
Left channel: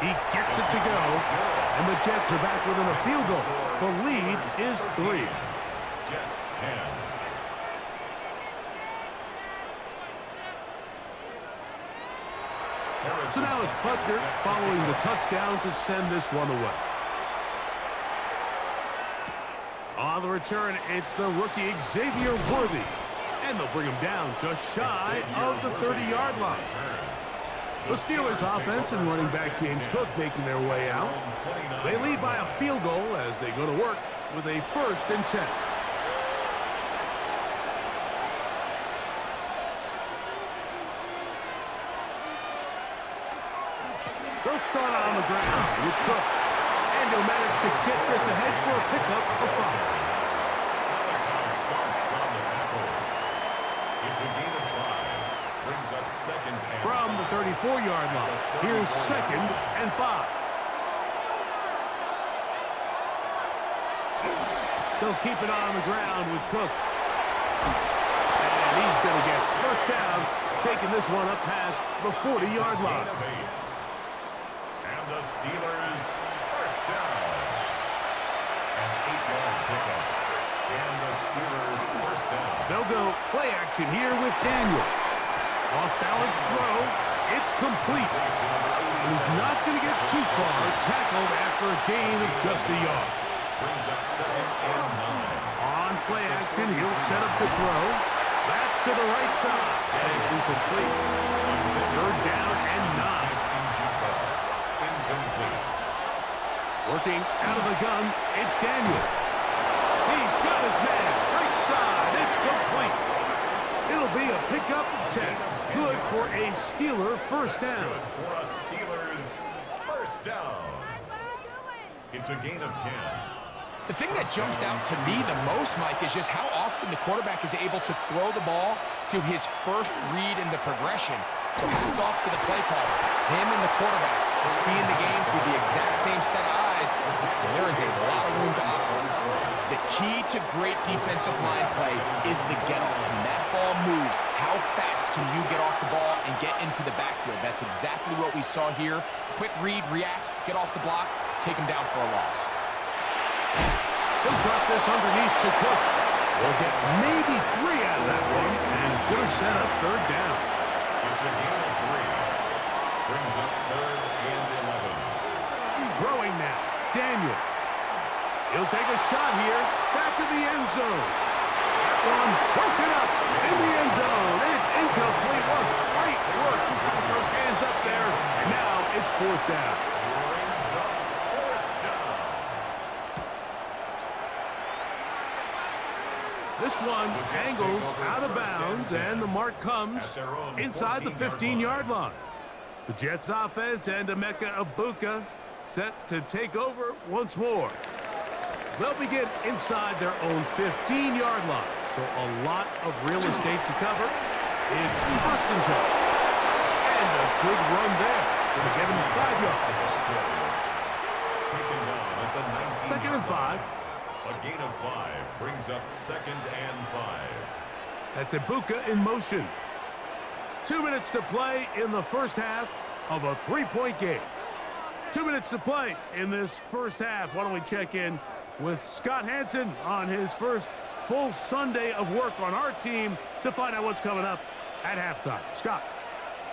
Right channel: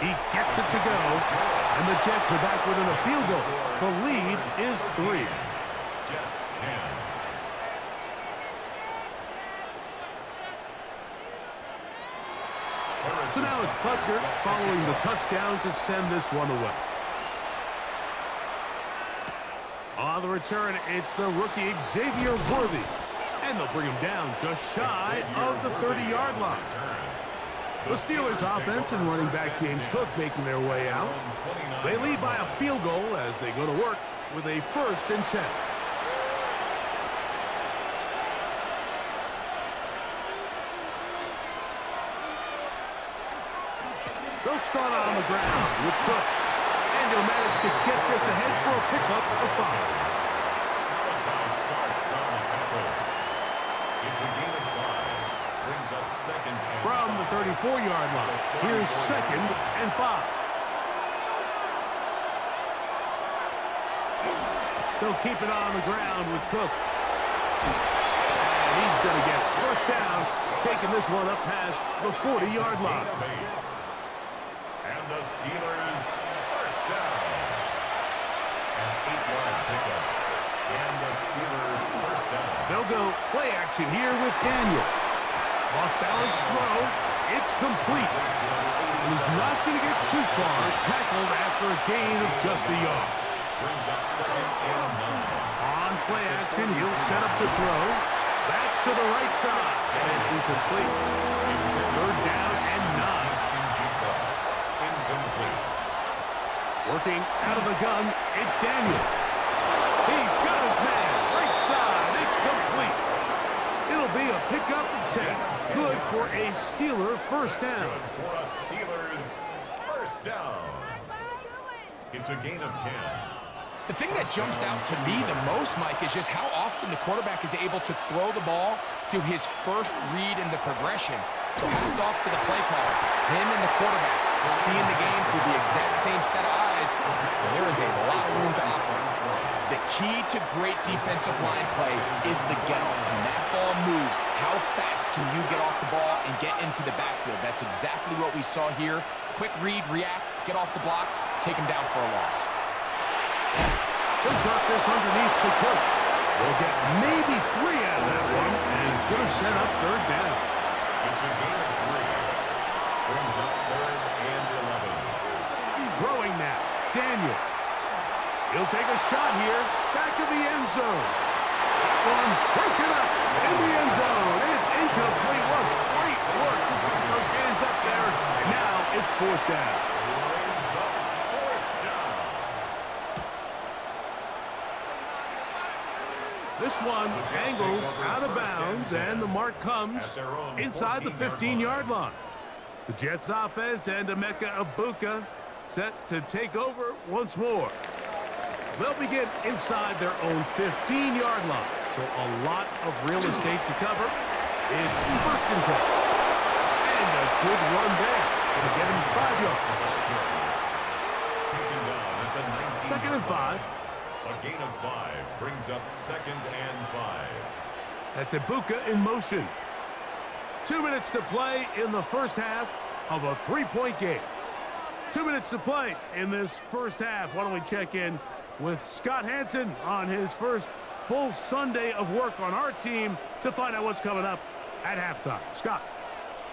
He gets it to go, and the Jets are back within a field goal. The lead is 3. Jets 10. So now it's Butker following the touchdown to send this one away. On the return, it's the rookie Xavier Worthy. And they'll bring him down just shy of the 30-yard line. The Steelers offense and running back James Cook making their way out. They lead by a field goal as they go to work with a 1st and 10. They'll start on the ground with Cook. And he'll manage to get this ahead for a pickup of 5. Starts on the tackle. It's a gain of 5. Brings up 2nd and from the 34-yard line. Here's 2nd and 5. They'll keep it on the ground with Cook. And he's going to get 1st down, taking this one up past the 40-yard line. And the Steelers 1st down. An 8-yard pickup. And the Steelers 1st down. They'll go play action here with Daniels. Off-balance throw. It's complete. And he's not going to get too far. Tackled after a gain of just a yard. Brings up 2nd and 9. On play action, he'll set up to throw. That's to the right side. And incomplete. 3rd down and 9. Incomplete. Working out of the gun, it's Daniels. He's got his man. Right side. It's complete. It'll be a pickup of 10. Good for a Steeler 1st down. Good for a Steelers 1st down. It's a gain of 10. The thing that jumps out to me the most, Mike, is just how often the quarterback is able to throw the ball to his first read in the progression. So hats off to the play caller. Him and the quarterback seeing the game through the exact same set of eyes, and there is a lot of room to operate. The key to great defensive line play is the get-off. When that ball moves, how fast can you get off the ball and get into the backfield? That's exactly what we saw here. Quick read, react, get off the block, take him down for a loss. He'll drop this underneath to Cook. We'll get maybe 3 out of that one, and it's going to set up third down. It's a gain of 3. Brings up 3rd and 11. Throwing now, Daniels. He'll take a shot here, back to the end zone. That one broken up in the end zone. It's incomplete. What great work to set those hands up there. And now it's 4th down. Brings up 4th down. This one angles out of bounds, and the mark comes inside the 15-yard line. The Jets offense and Emeka set to take over once more. They'll begin inside their own 15-yard line, so a lot of real estate to cover. It's 1st and 10. And a good run there. Going to get him 5 yards. Taken down at the 19. 2nd and 5. A gain of 5 brings up 2nd and 5. That's Emeka in motion. 2 minutes to play in the first half of a 3-point game. 2 minutes to play in this first half. Why don't we check in with Scott Hansen on his first full Sunday of work on our team to find out what's coming up at halftime. Scott.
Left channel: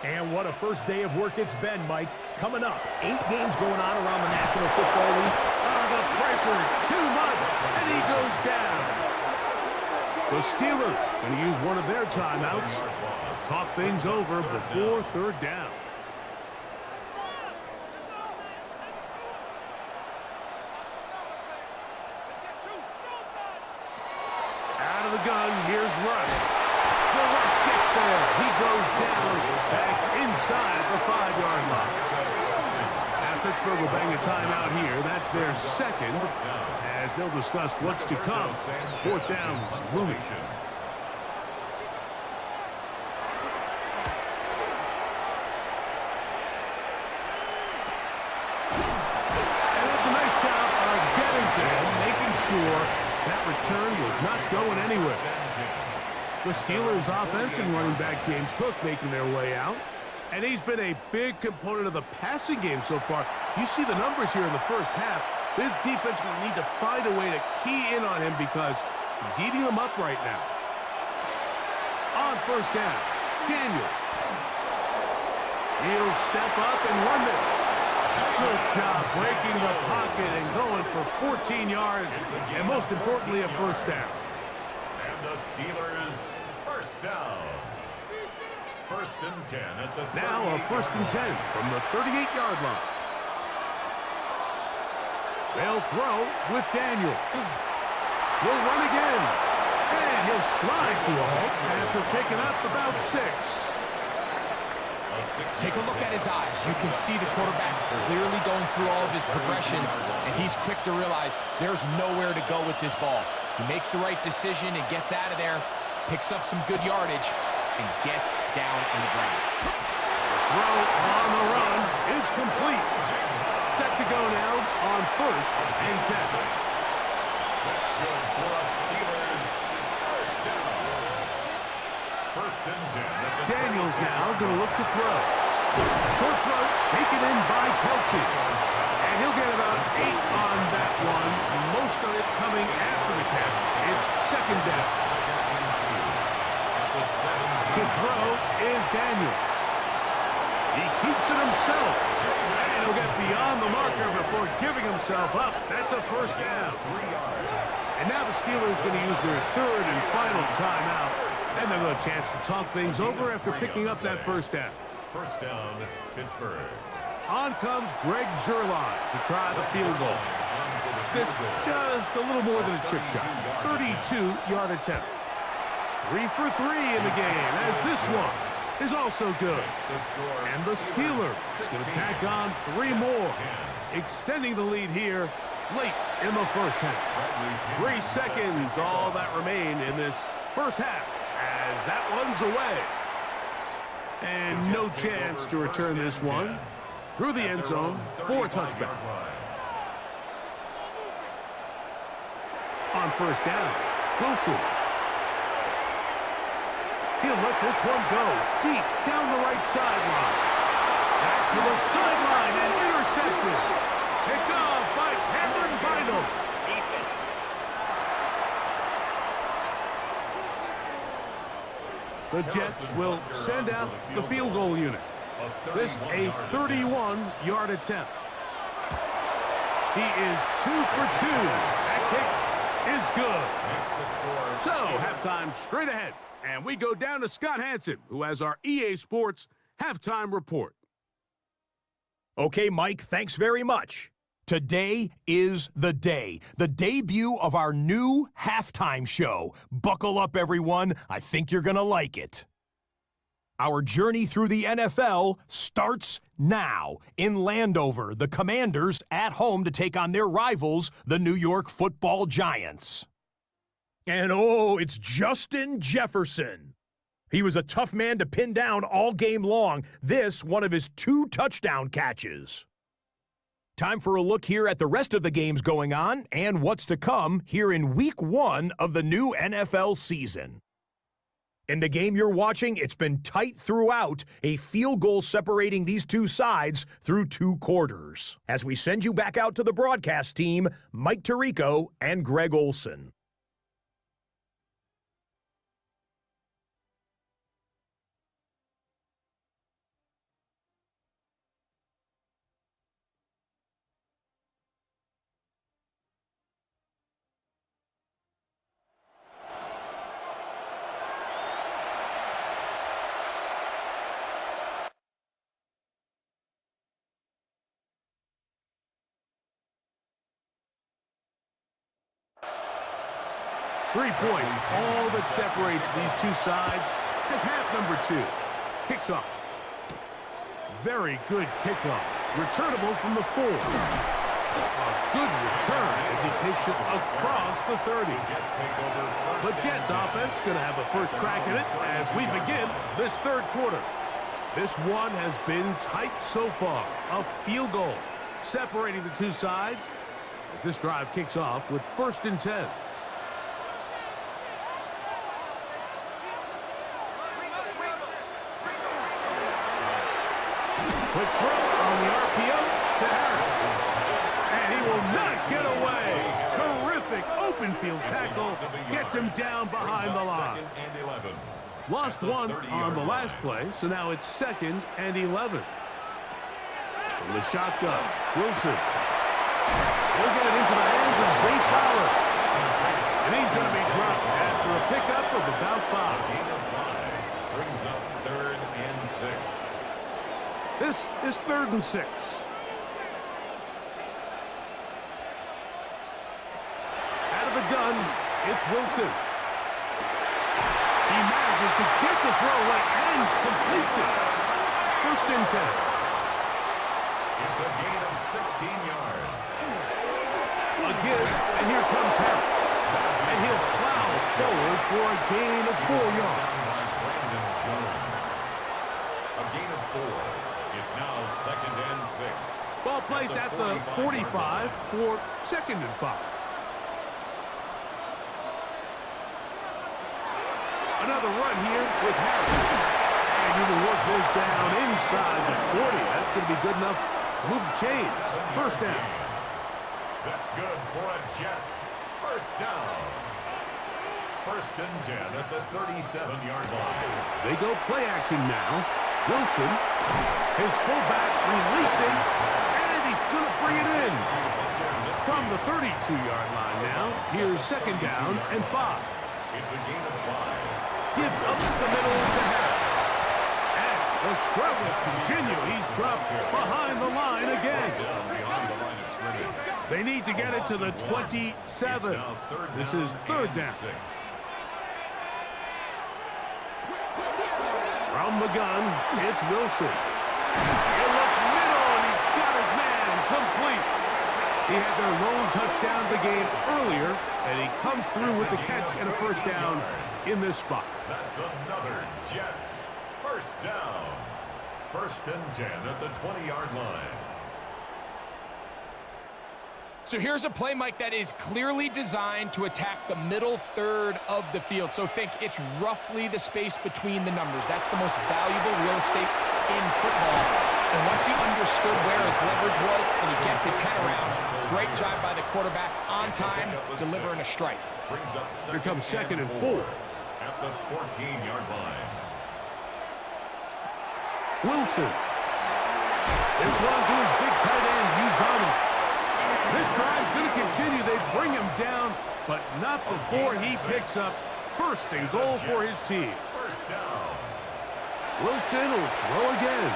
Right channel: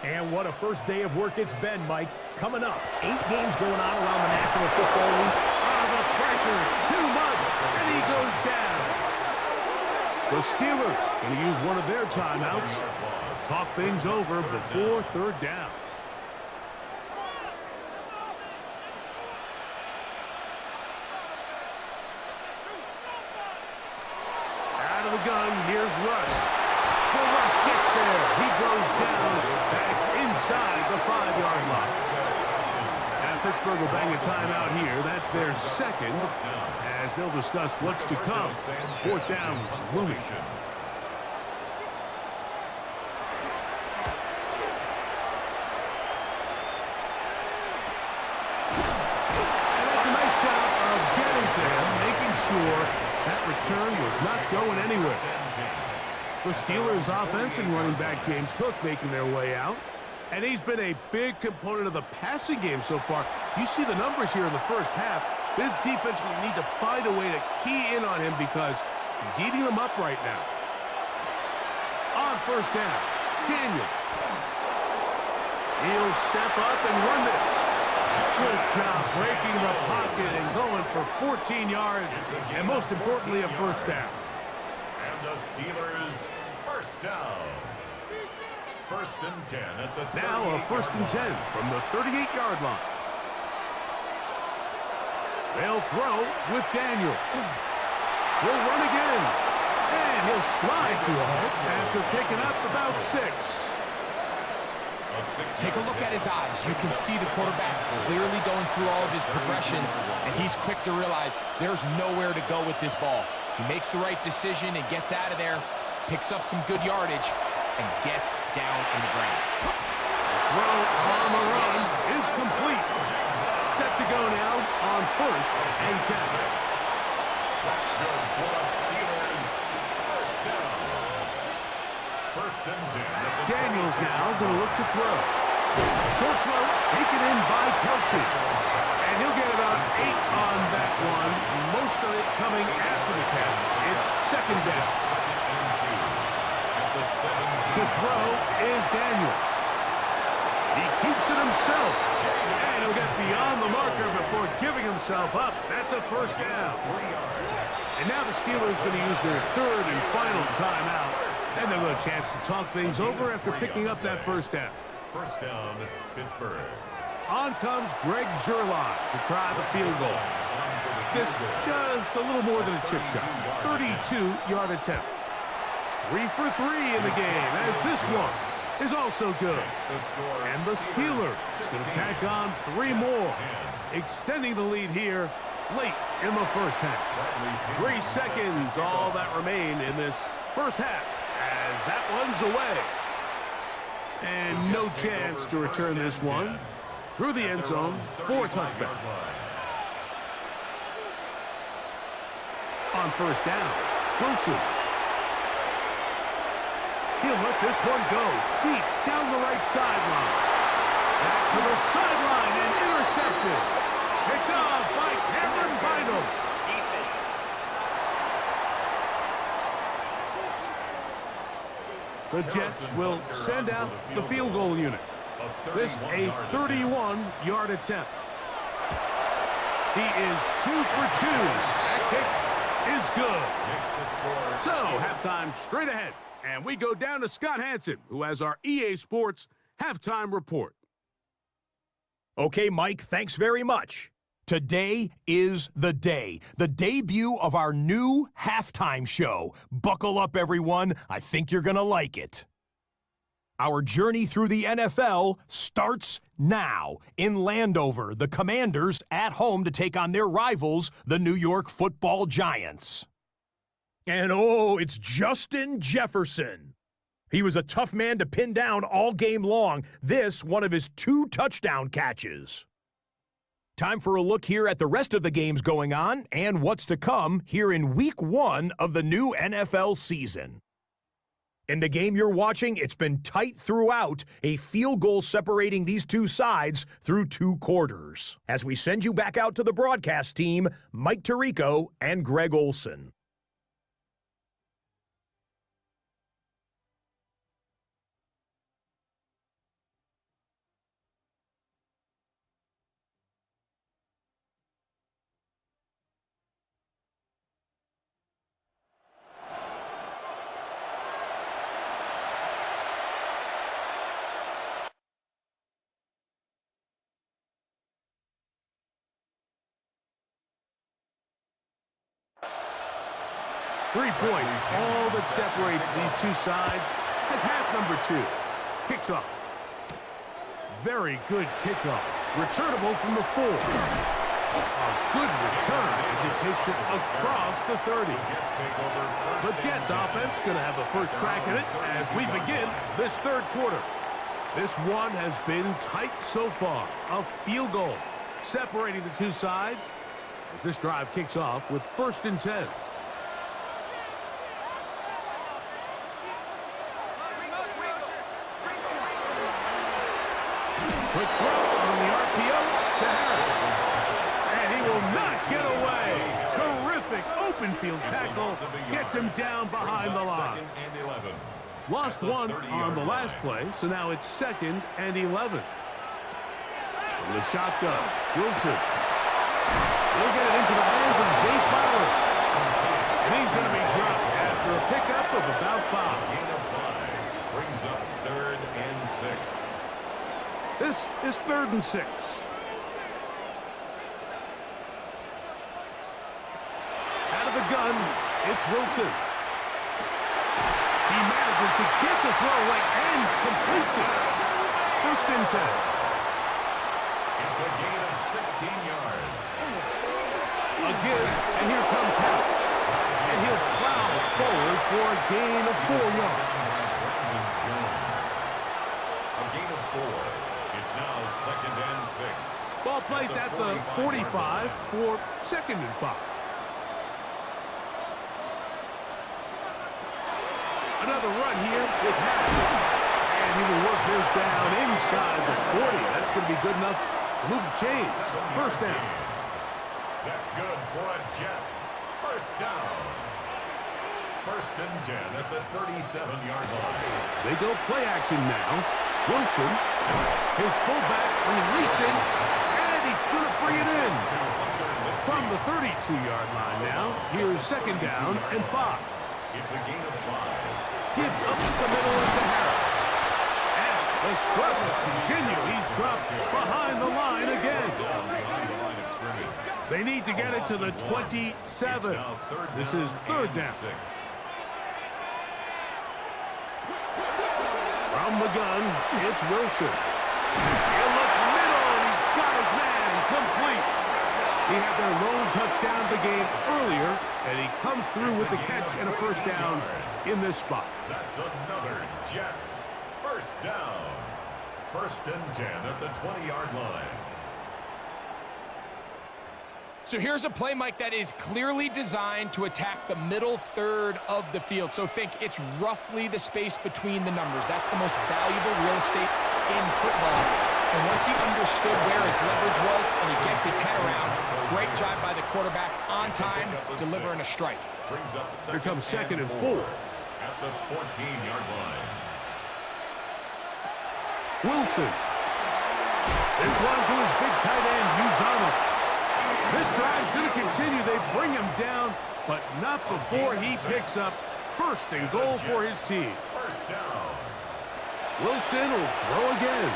And what a first day of work it's been, Mike. Coming up, 8 games going on around the National Football League. The pressure, too much, and he goes down. The Steelers going to use one of their timeouts. Talk things over before 3rd down. Out of the gun, here's Rush. The Rush gets there. He goes down back inside the 5-yard line. Pittsburgh will bang a timeout here. That's their 2nd, as they'll discuss what's to come. 4th down's looming. And that's a nice job of getting to him, making sure that return was not going anywhere. The Steelers' offense and running back James Cook making their way out. And he's been a big component of the passing game so far. You see the numbers here in the first half. This defense will need to find a way to key in on him because he's eating them up right now. On 1st down, Daniels. He'll step up and run this. Good job breaking the pocket and going for 14 yards. And most importantly, a 1st down. And the Steelers' 1st down. 1st and 10 at the 38-yard line. Now a 1st and 10 from the 38-yard line. They'll throw with Daniels. He'll run again. And he'll slide to a halt after picking up about 6. Take a look at his eyes. You can see the quarterback clearly going through all of his progressions, and he's quick to realize there's nowhere to go with this ball. He makes the right decision and gets out of there, picks up some good yardage, and gets down in the ground. The throw on the run is complete. Set to go now on 1st and 10. That's good for a Steelers 1st down. 1st and 10. Daniels now going to look to throw. Short throw taken in by Kelsey. And he'll get about 8 on that one. Most of it coming after the catch. It's 2nd down. 2nd and 2. The 17. To throw is Daniels. He keeps it himself. And he'll get beyond the marker before giving himself up. That's a 1st down. 3 yards. And now the Steelers going to use their 3rd and final timeout. And they'll have a chance to talk things over after picking up that 1st down. 1st down, Pittsburgh. On comes Greg Zuerlein to try the field goal. This just a little more than a chip shot. 32-yard attempt. 3 for 3 in the game, as this one is also good. And the Steelers going to tack on 3 more, extending the lead here late in the first half. 3 seconds, all that remain in this first half as that one's away. And no chance to return this one through the end zone for a touchback. On first down, Wilson. He'll let this one go deep down the right sideline. Back to the sideline and intercepted. Picked off by Cameron Bynum. The Jets will send out the field goal unit. This a 31-yard attempt. He is 2 for 2. That kick is good. So, halftime straight ahead. And we go down to Scott Hanson, who has our EA Sports halftime report. Okay, Mike, thanks very much. Today is the day, the debut of our new halftime show. Buckle up, everyone. I think you're going to like it. Our journey through the NFL starts now. In Landover, the Commanders at home to take on their rivals, the New York Football Giants. And oh, it's Justin Jefferson. He was a tough man to pin down all game long. This, one of his 2 touchdown catches. Time for a look here at the rest of the games going on and what's to come here in Week 1 of the new NFL season. In the game you're watching, it's been tight throughout, a field goal separating these two sides through 2 quarters. As we send you back out to the broadcast team, Mike Tirico and Greg Olson. Three points, all that separates these two sides, as half number 2 kicks off. Very good kickoff. Returnable from the 4. A good return as he takes it across the 30. The Jets offense going to have the first crack at it as we begin this third quarter. This one has been tight so far. A field goal separating the two sides as this drive kicks off with 1st and 10. Quick throw on the RPO to Harris. And he will not get away. Terrific open field tackle. Gets him down behind the line. Lost one on the last play, so now it's 2nd and 11. From the shotgun, Wilson. He'll get it into the hands of Zay Flowers. And he's going to be dropped after a pickup of about 5. Gain of 5 brings up 3rd and 6. This is 3rd and 6. Out of the gun, it's Wilson. He manages to get the throwaway and completes it. 1st and 10. It's a gain of 16 yards. A give, and here comes Harris. And he'll plow forward for a gain of 4 yards. A gain of 4. It's now 2nd and 6. Ball placed at the 45 for 2nd and 5. Another run here with Harris. And he will work this down inside the 40. That's going to be good enough to move the chains. 1st down. That's good for a Jets 1st down. 1st and 10 at the 37-yard line. They go play action now. Wilson, his fullback releasing, and he's going to bring it in. From the 32-yard line now, here's 2nd down and 5. It's a gain of 5. Gives up the middle to Harris. And the struggles continue. He's dropped behind the line again. Beyond the line of scrimmage. They need to get it to the 27. This is 3rd down. 6. From the gun, it's Wilson. He'll look middle, and he's got his man complete. He had their lone touchdown of the game earlier, and he comes through with the catch and a first down in this spot. That's another Jets first down. 1st and 10 at the 20-yard line. So here's a play, Mike, that is clearly designed to attack the middle third of the field. So think it's roughly the space between the numbers. That's the most valuable real estate in football. And once he understood where his leverage was and he gets his head around, great job by the quarterback on time, delivering a strike. Here comes 2nd and 4. At the 14-yard line. Wilson. This one to his big tight end, Uzama. This drive's going to continue. They bring him down, but not before he picks up 1st and goal for his team. First down. Wilson will throw again.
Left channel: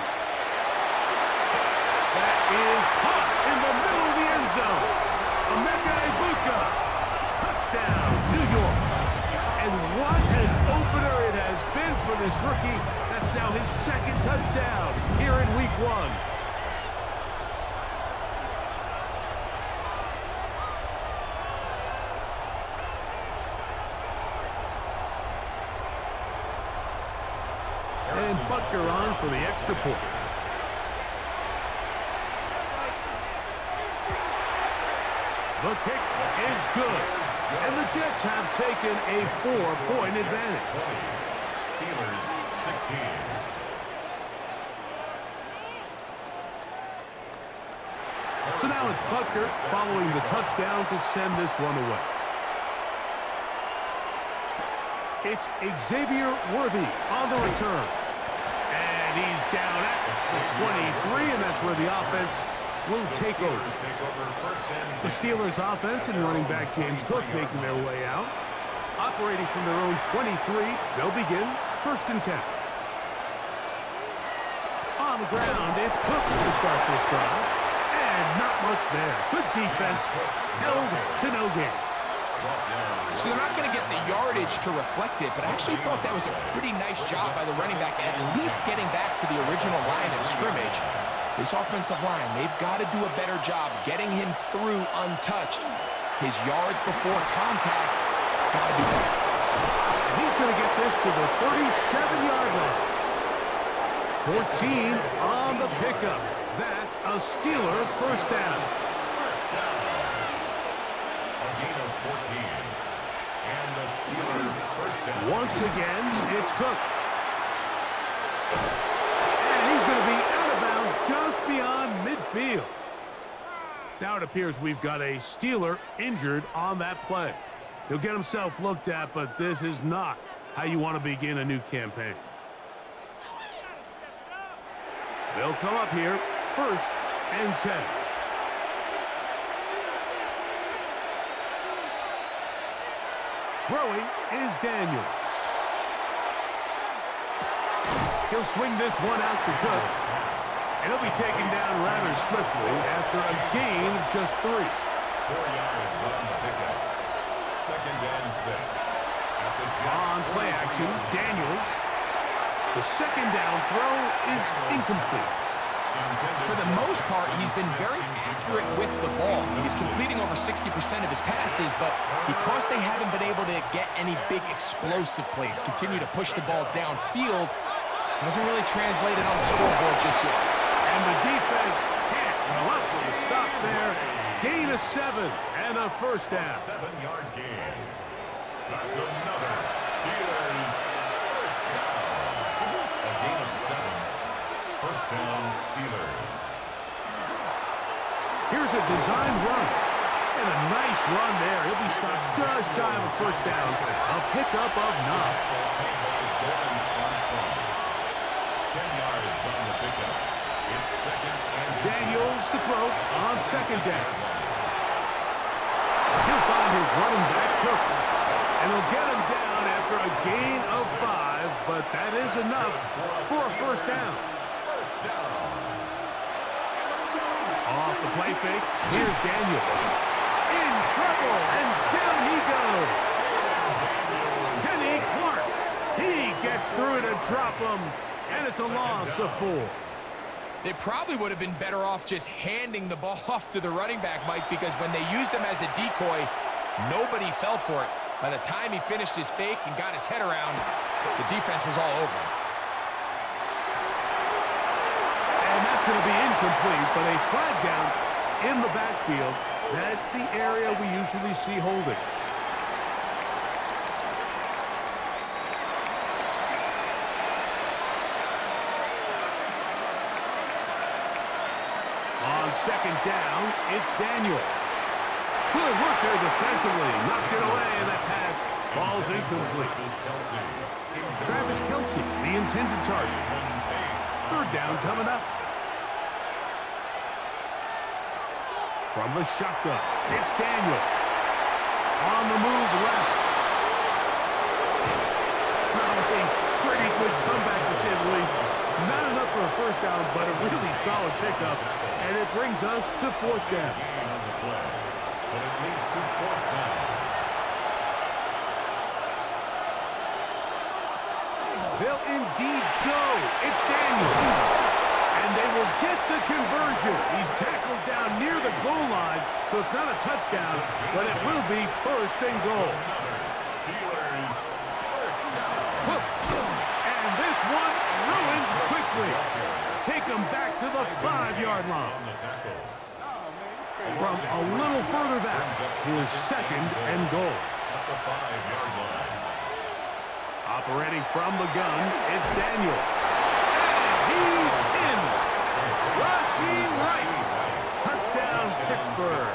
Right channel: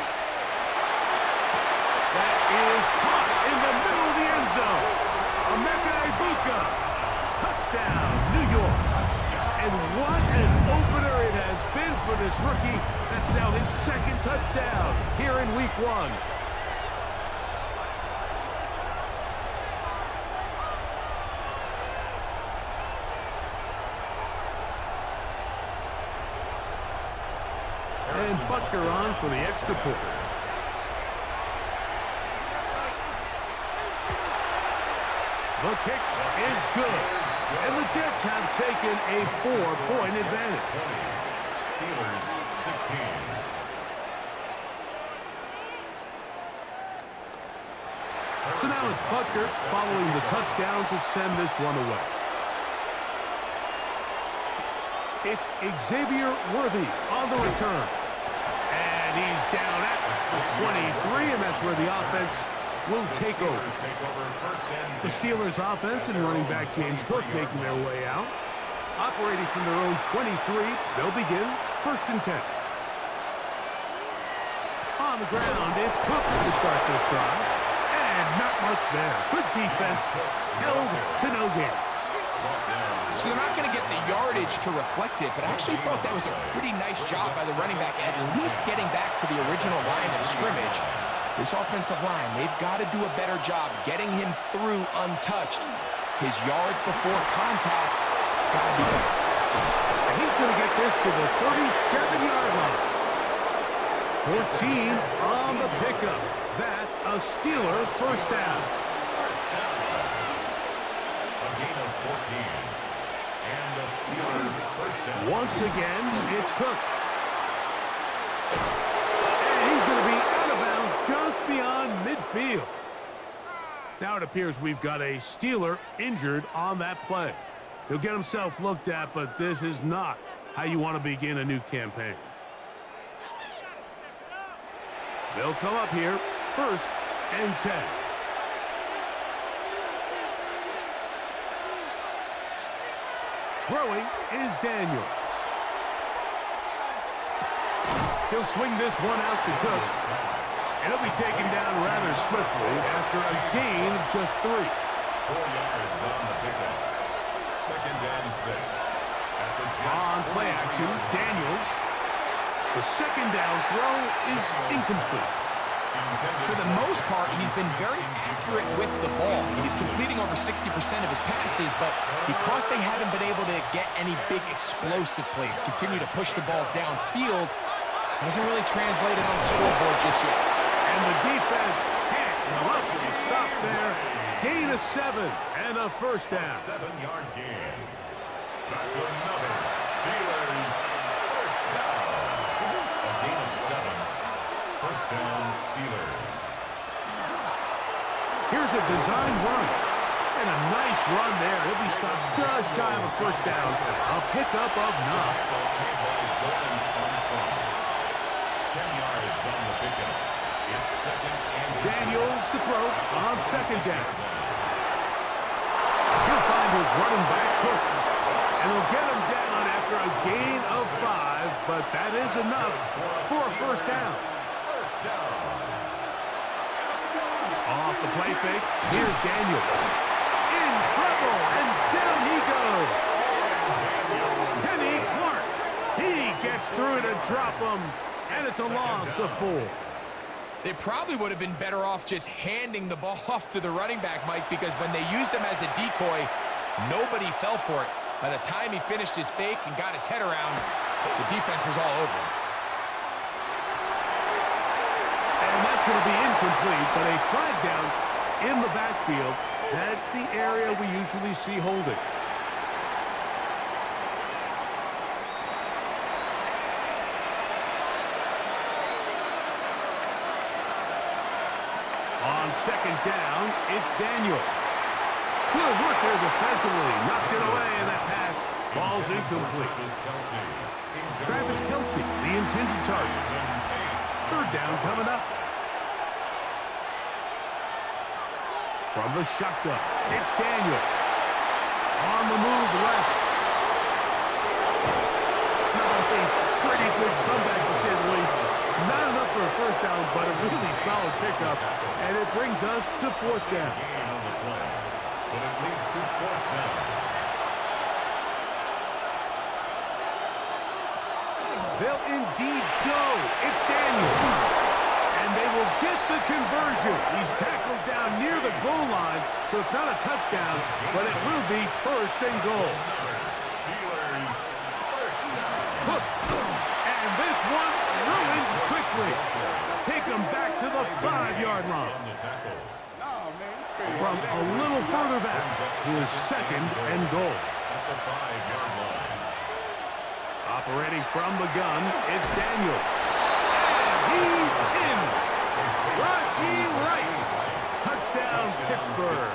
That is caught in the middle of the end zone. Emeka. Touchdown, New York. And what an opener it has been for this rookie. That's now his 2nd touchdown here in week 1. And Butker on for the extra point. The kick is good. And the Jets have taken a 4-point advantage. Steelers 16. So now it's Butker following the touchdown to send this one away. It's Xavier Worthy on the return. And he's down at the 23, and that's where the offense will take over. The Steelers offense and running back James Cook making their way out. Operating from their own 23, they'll begin 1st and 10. On the ground, it's Cook to start this drive. And not much there. Good defense. Held to no gain. So they're not going to get the yardage to reflect it, but I actually thought that was a pretty nice job by the running back, at least getting back to the original line of scrimmage. This offensive line, they've got to do a better job getting him through untouched. His yards before contact, got to be better. And he's going to get this to the 37-yard line. 14 on the pickup. That's a Steeler first down. First down. A gain of 14. And a Steeler first down. Once again, it's Cook. And he's going to be out of bounds just beyond midfield. Now it appears we've got a Steeler injured on that play. He'll get himself looked at, but this is not how you want to begin a new campaign. They'll come up here, 1st and 10. Throwing is Daniels. He'll swing this one out to Cook. And he'll be taken down rather swiftly after a gain of just 3. 4 yards on the pickup. 2nd and 6. At the Jets on play action, Daniels. The 2nd down throw is incomplete. For the most part, he's been very accurate with the ball. He's completing over 60% of his passes, but because they haven't been able to get any big explosive plays, continue to push the ball downfield, hasn't really translated on the scoreboard just yet. And the defense can't come up with a stop there. Gain of 7 and a first down. 7-yard gain. That's another Steelers first down. A gain of 7. First down, Steelers. Here's a design run. And a nice run there. He'll be stopped just shy of a first down. A pickup of 9. 10 yards on the pickup. It's 2nd and Daniels to throw on 2nd down. He'll find his running back, Cook. And he'll get him down after a gain of 5, but that is enough for a first down. First down. Off the play fake, here's Daniels. In trouble, and down he goes. Kenny Clark. He gets through to drop him, and it's a loss of 4. They probably would have been better off just handing the ball off to the running back, Mike, because when they used him as a decoy, nobody fell for it. By the time he finished his fake and got his head around, the defense was all over him. And that's going to be incomplete, but a flag down in the backfield. That's the area we usually see holding. On second down, it's Daniels. Good work there defensively. Knocked it away, and that pass falls incomplete. Travis Kelce, the intended target. Third down coming up. From the shotgun, it's Daniels. On the move left. A pretty good comeback, to say the least. Not enough for a first down, but a really solid pickup. And it brings us to fourth down. Gain on the play, but it leads to fourth down. They'll indeed go. It's Daniels. And they will get the conversion. He's tackled down near the goal line, so it's not a touchdown, but it will be first and goal. Steelers first down. And this one ruined quickly. Take them back to the 5-yard line. From a little further back, here's second and goal. At the 5-yard line. Operating from the gun, it's Daniels. And he's in. Rachaad. Touchdown, Pittsburgh.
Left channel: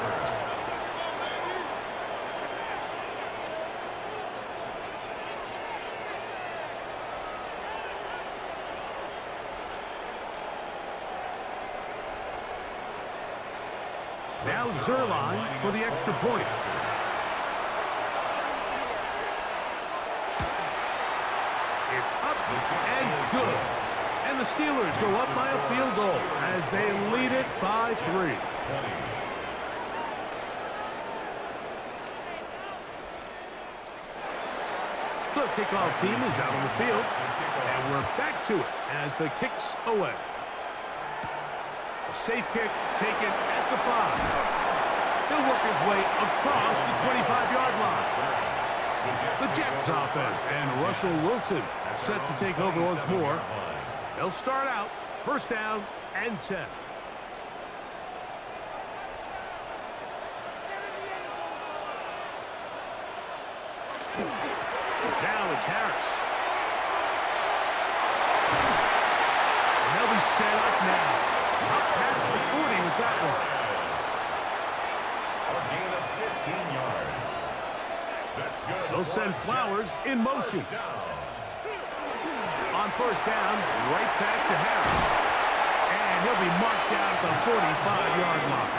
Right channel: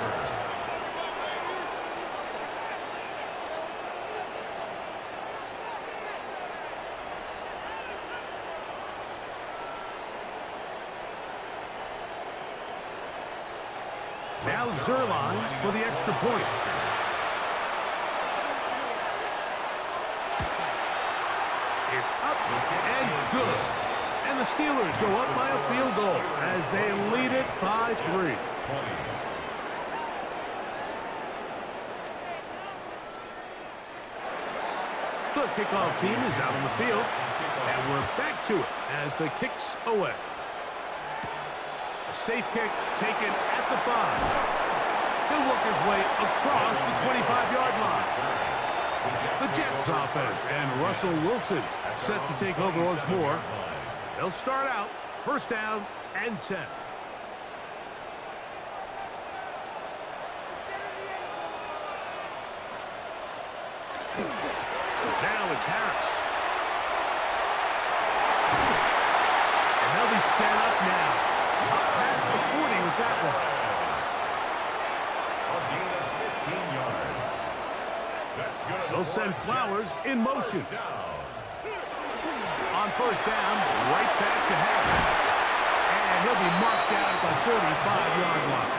Now Zerline for the extra point. It's up and good. And the Steelers go up by a field goal as they lead it by 3. The kickoff team is out on the field. And we're back to it as the kick's away. A safe kick taken at the 5. He'll work his way across the 25-yard line. The Jets offense and Russell Wilson set to take over once more. They'll start out first down and 10. Now it's Harris. And they'll be set up now. Up past the 40 with that one. A gain of 15 yards. That's good. They'll send Flowers in motion. On first down, right back to Harris. And he'll be marked down at the 45-yard line.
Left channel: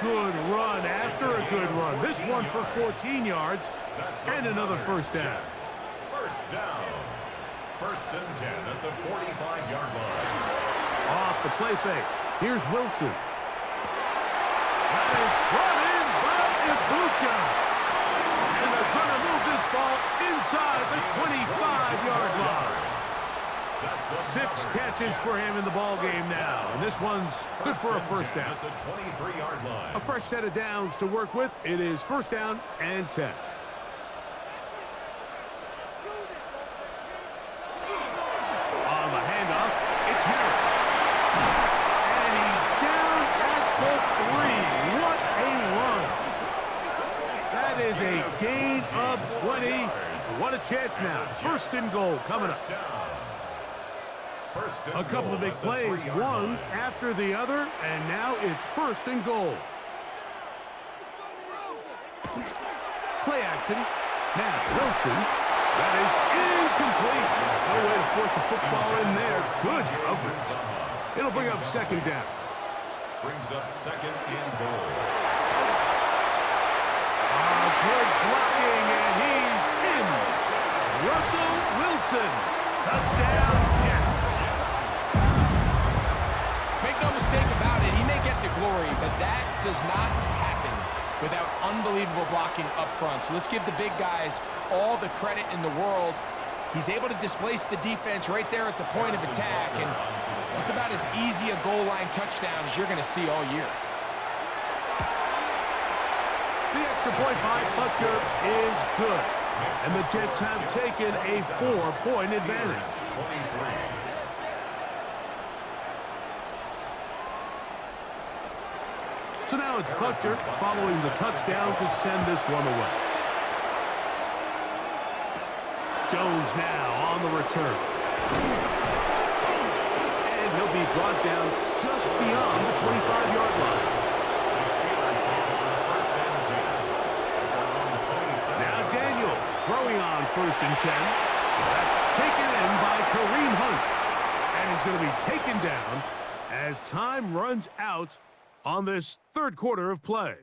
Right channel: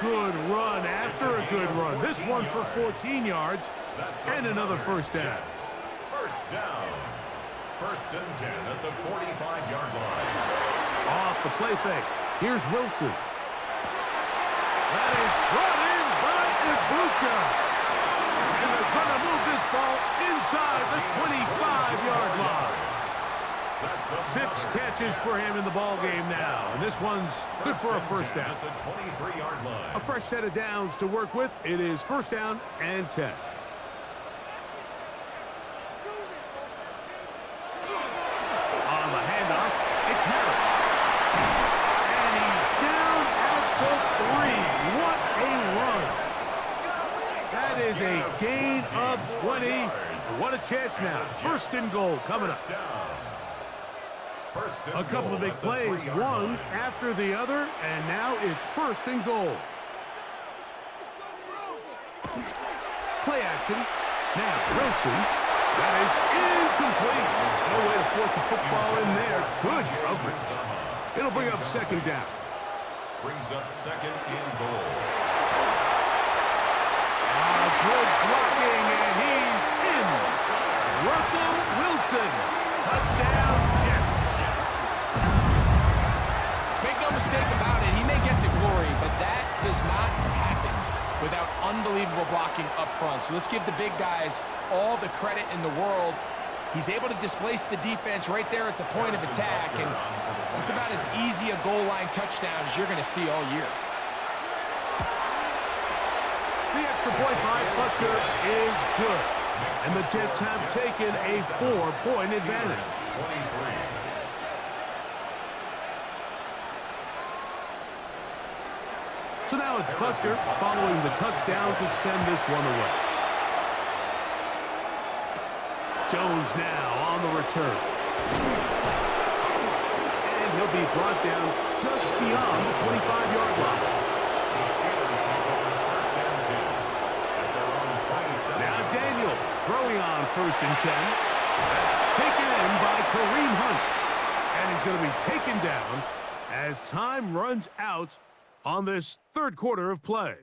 Good run after a good run. This one for 14 yards and another first down. First down. First and 10 at the 45-yard line. Off the play fake. Here's Wilson. That is brought in by Emeka. And they're going to move this ball inside the 25-yard line. 6 catches for him in the ball game now. And this one's good for a first down. At the 23-yard line. A fresh set of downs to work with. It is first down and 10. On the handoff, it's Harris. And he's down at the 3. What a run. That is a gain of 20. What a chance now. First and goal coming up. A couple of big plays, one after the other, and now it's first and goal. Play action. Now Wilson. That is incomplete. There's no way to force the football in there. Good coverage. It'll bring up second down. Brings up second and goal. Good blocking, and he's in. Russell Wilson. Touchdown, Jets. Make no mistake about it, he may get the glory, but that does not happen without unbelievable blocking up front. So let's give the big guys all the credit in the world. He's able to displace the defense right there at the point of attack, and that's about as easy a goal line touchdown as you're going to see all year. The extra point by Butker is good, and the Jets have taken a 4-point advantage. So now it's Butker following the touchdown to send this one away. Jones now on the return. And he'll be brought down just beyond the 25-yard line. The Steelers take over 1st and 10 at their own 27. Now Daniels throwing on 1st and 10. That's taken in by Kareem Hunt. And he's going to be taken down as time runs out on this 3rd quarter of play.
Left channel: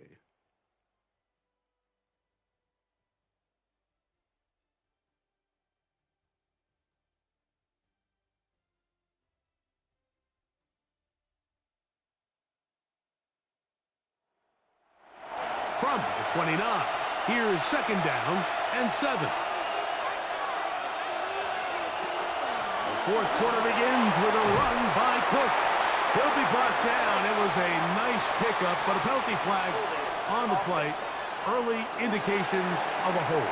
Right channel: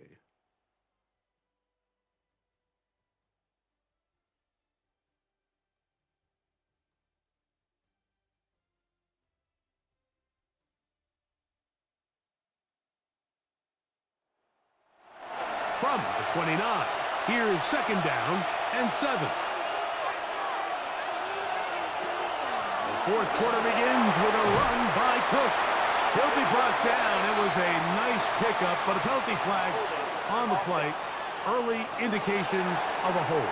From the 29, here's 2nd down and 7. The 4th quarter begins with a run by Cook. He'll be brought down. It was a nice pickup, but a penalty flag on the play. Early indications of a hold.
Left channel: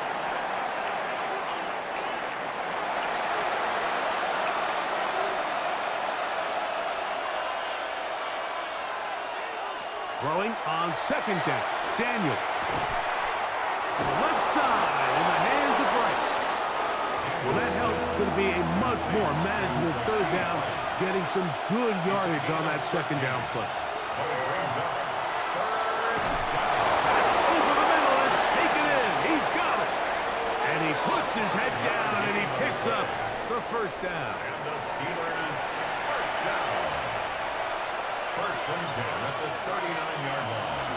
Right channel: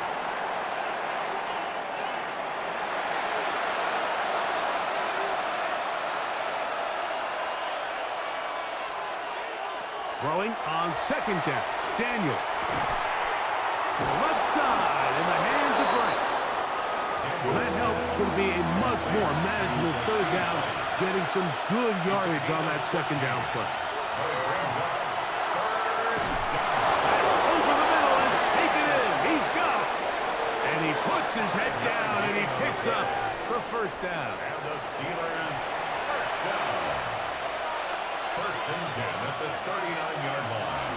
Throwing on 2nd down. Daniel. To the left side in the hands of Rice. Well, that helps. It's going to be a much more manageable 3rd down, getting some good yardage on that 2nd down play. That's over the middle and taken in. He's got it. And he puts his head down and he picks up the 1st down. And the Steelers 1st down. 1st and 10 at the 39-yard line.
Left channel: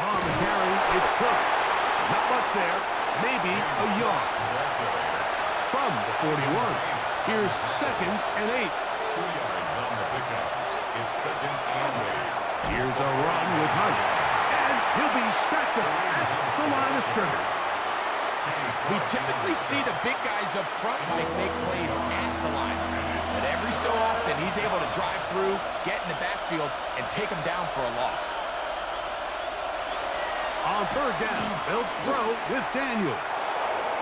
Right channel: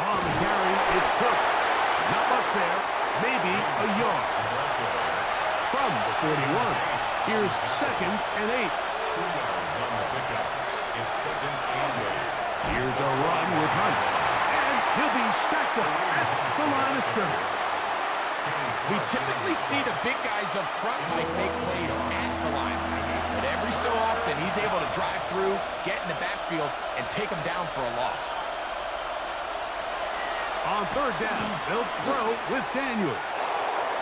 On the carry, it's Cook. Not much there. Maybe a yard. From the 41, here's 2nd and 8. 2 yards on the pickup. It's 2nd and 8. Here's a run with Hunt. And he'll be stacked up at the line of scrimmage. We typically see the big guys up front, Mike, make plays at the line. But every so often, he's able to drive through, get in the backfield, and take them down for a loss. On 3rd down, they'll throw with Daniels.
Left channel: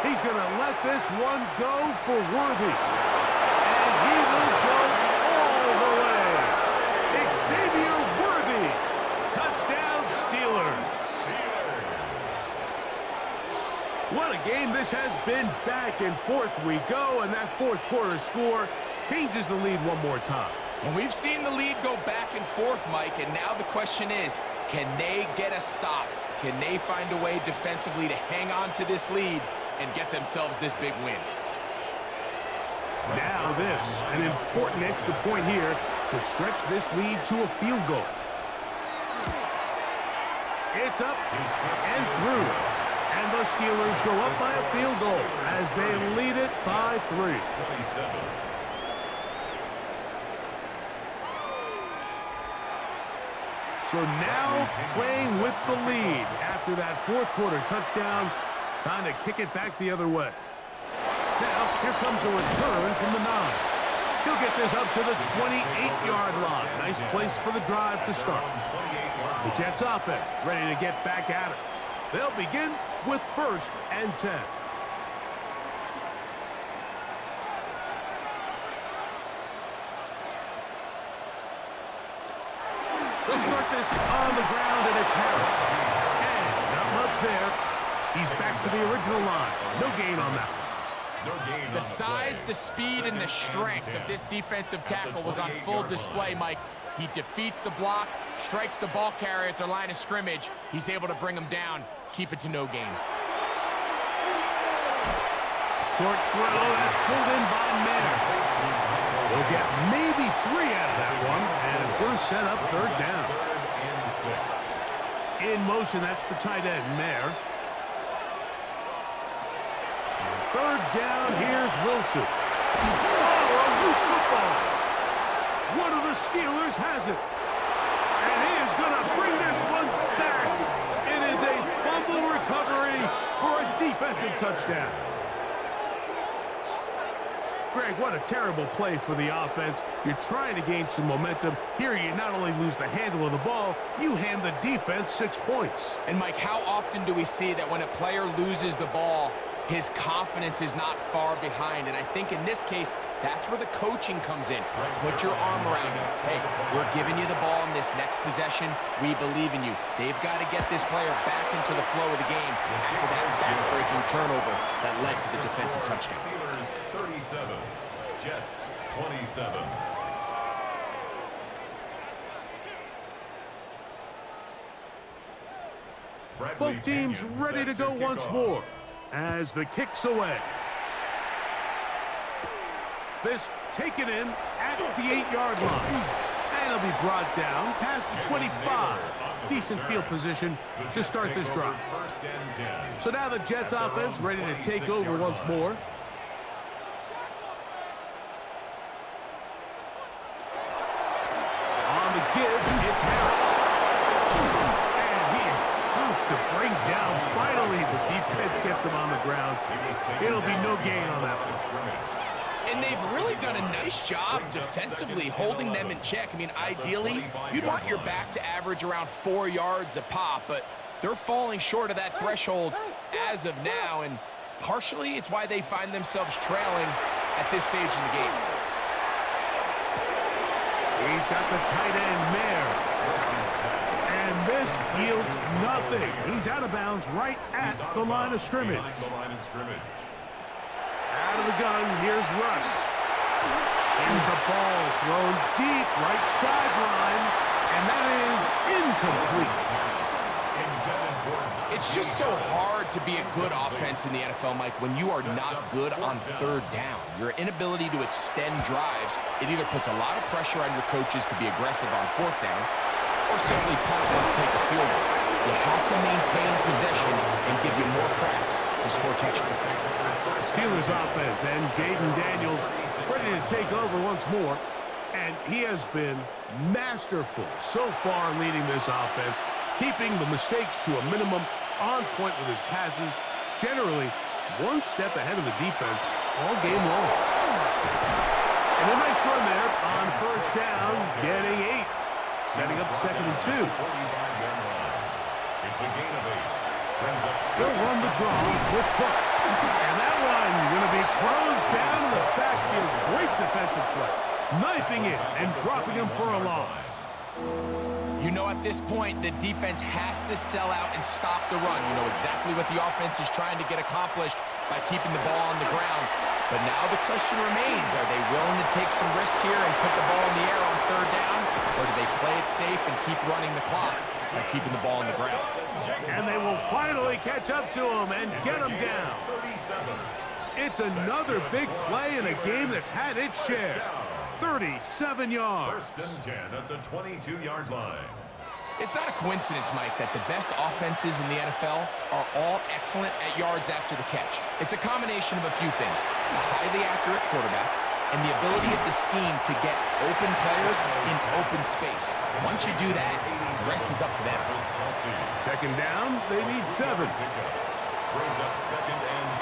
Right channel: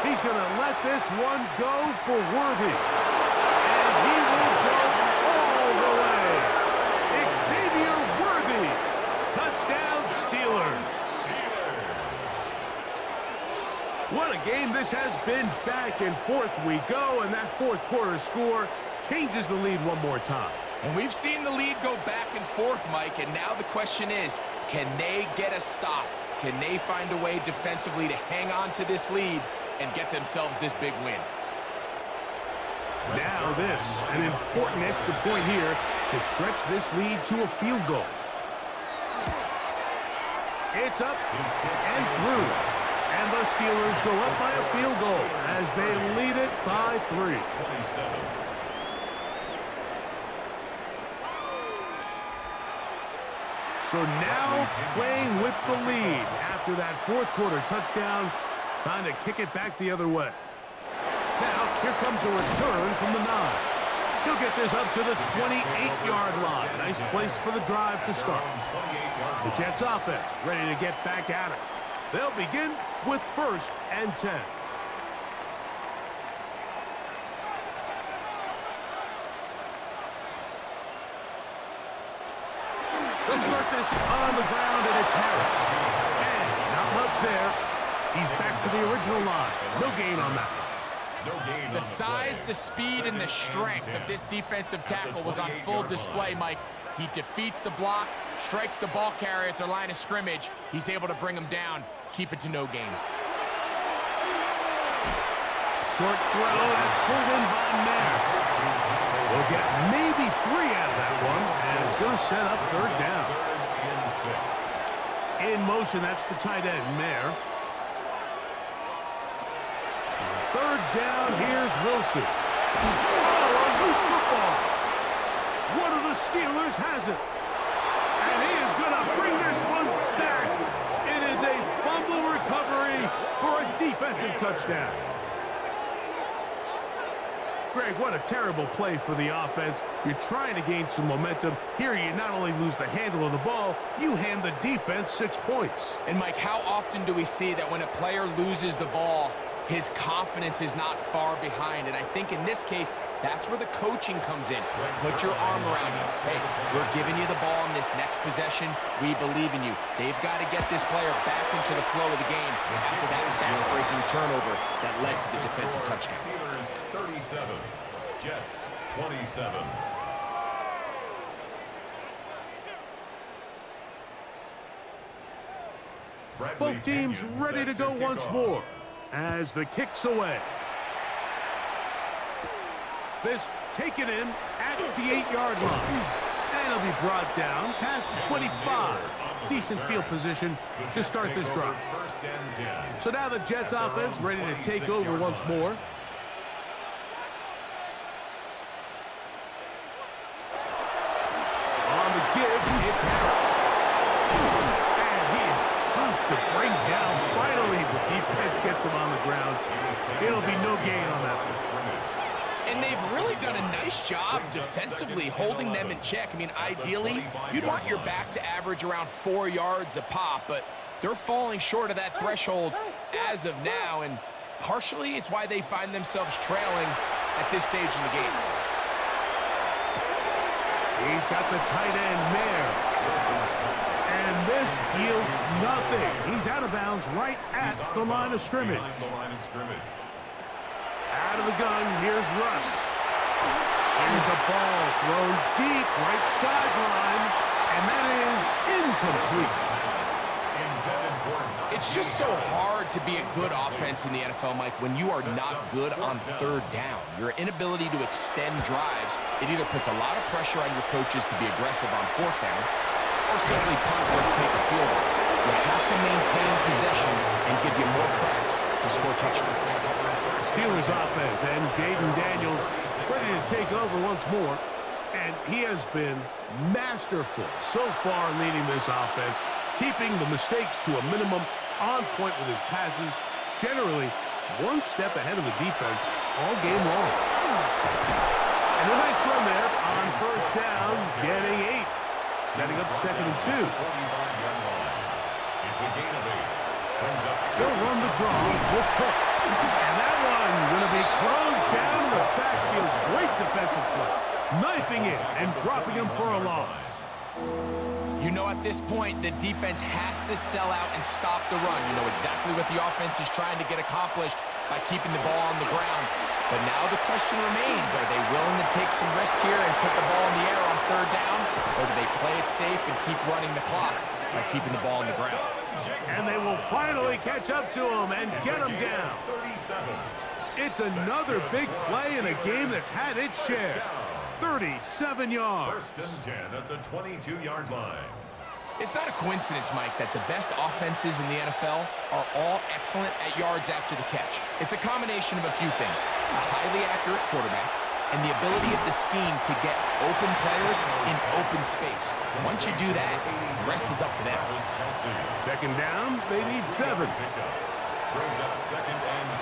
He's going to let this one go for Worthy. And he will go all the way. Xavier Worthy. Touchdown, Steelers. What a game this has been. Back and forth we go, and that 4th quarter score changes the lead one more time. And we've seen the lead go back and forth, Mike, and now the question is, can they get a stop? Can they find a way defensively to hang on to this lead and get themselves this big win? Now this, an important extra point here to stretch this lead to a field goal. It's up and through. And the Steelers go up by a field goal as they lead it by 3. 27. So now playing with the lead after that 4th quarter touchdown. Time to kick it back the other way. Now, here comes a return from the 9. He'll get this up to the 28-yard line. Nice place for the drive to start. The Jets offense ready to get back at it. They'll begin with 1st and 10. They'll start this on the ground, and it's Harris. And not much there. He's back to the original line. No gain on that one. The size, the speed, and the strength of this defensive tackle was on full display, Mike. He defeats the block, strikes the ball carrier at their line of scrimmage. He's able to bring him down, keep it to no gain. Short throw, that's pulled in by Mayer. They'll get maybe 3 out of that one, and it's going to set up 3rd down. In motion, that's the tight end, Mayer. 3rd down, here's Wilson. Oh, a loose football. One of the Steelers has it. And he is going to bring this one back. It is a fumble recovery for a defensive touchdown. Greg, what a terrible play for the offense. You're trying to gain some momentum. Here you not only lose the handle of the ball, you hand the defense 6 points. And, Mike, how often do we see that when a player loses the ball, his confidence is not far behind? And I think in this case, that's where the coaching comes in. Put your arm around him. Hey, we're giving you the ball in this next possession. We believe in you. They've got to get this player back into the flow of the game after that back-breaking turnover that led to the defensive touchdown. Steelers 37, Jets 27. Both teams ready to go once more as the kick's away. This taken in at the 8-yard line. And it'll be brought down past the 25. Decent field position to start this drive. So now the Jets offense ready to take over once more. On the give, it's Harris. And he is tough to bring down. Finally, the defense gets him on the ground. It'll be no gain on that one. And they've really done a nice job defensively holding them in check. I mean, ideally, you'd want your back to average around 4 yards a pop, but they're falling short of that threshold as of now, and partially it's why they find themselves trailing at this stage in the game. He's got the tight end, Mayer. And this yields nothing. He's out of bounds right at the line of scrimmage. Out of the gun, here's Russ. Here's a ball thrown deep, right sideline, and that is incomplete. It's just so hard to be a good offense in the NFL, Mike, when you are not good on third down. Your inability to extend drives, it either puts a lot of pressure on your coaches to be aggressive on fourth down or simply punt or take a field goal. You have to maintain possession and give you more cracks to score touchdowns. Steelers offense and Jaden Daniels ready to take over once more. And he has been masterful so far leading this offense, keeping the mistakes to a minimum, on point with his passes, generally one step ahead of the defense all game long. And a nice run there on first down, getting 8. Setting up 2nd and 2. It's a gain of 8. They'll run the draw with Cook. And that one going to be closed down in the backfield. Great defensive play. Knifing it and dropping him for a loss. You know, at this point, the defense has to sell out and stop the run. You know exactly what the offense is trying to get accomplished by keeping the ball on the ground. But now the question remains, are they willing to take some risk here and put the ball in the air on third down? Or do they play it safe and keep running the clock by keeping the ball on the ground? And they will finally catch up to him and get him down. It's another big play in a game that's had its share. 37 yards. 1st and 10 at the 22-yard line. It's not a coincidence, Mike, that the best offenses in the NFL are all excellent at yards after the catch. It's a combination of a few things: a highly accurate quarterback and the ability of the scheme to get open players in open space. Once you do that, the rest is up to them. 2nd down, they need 7.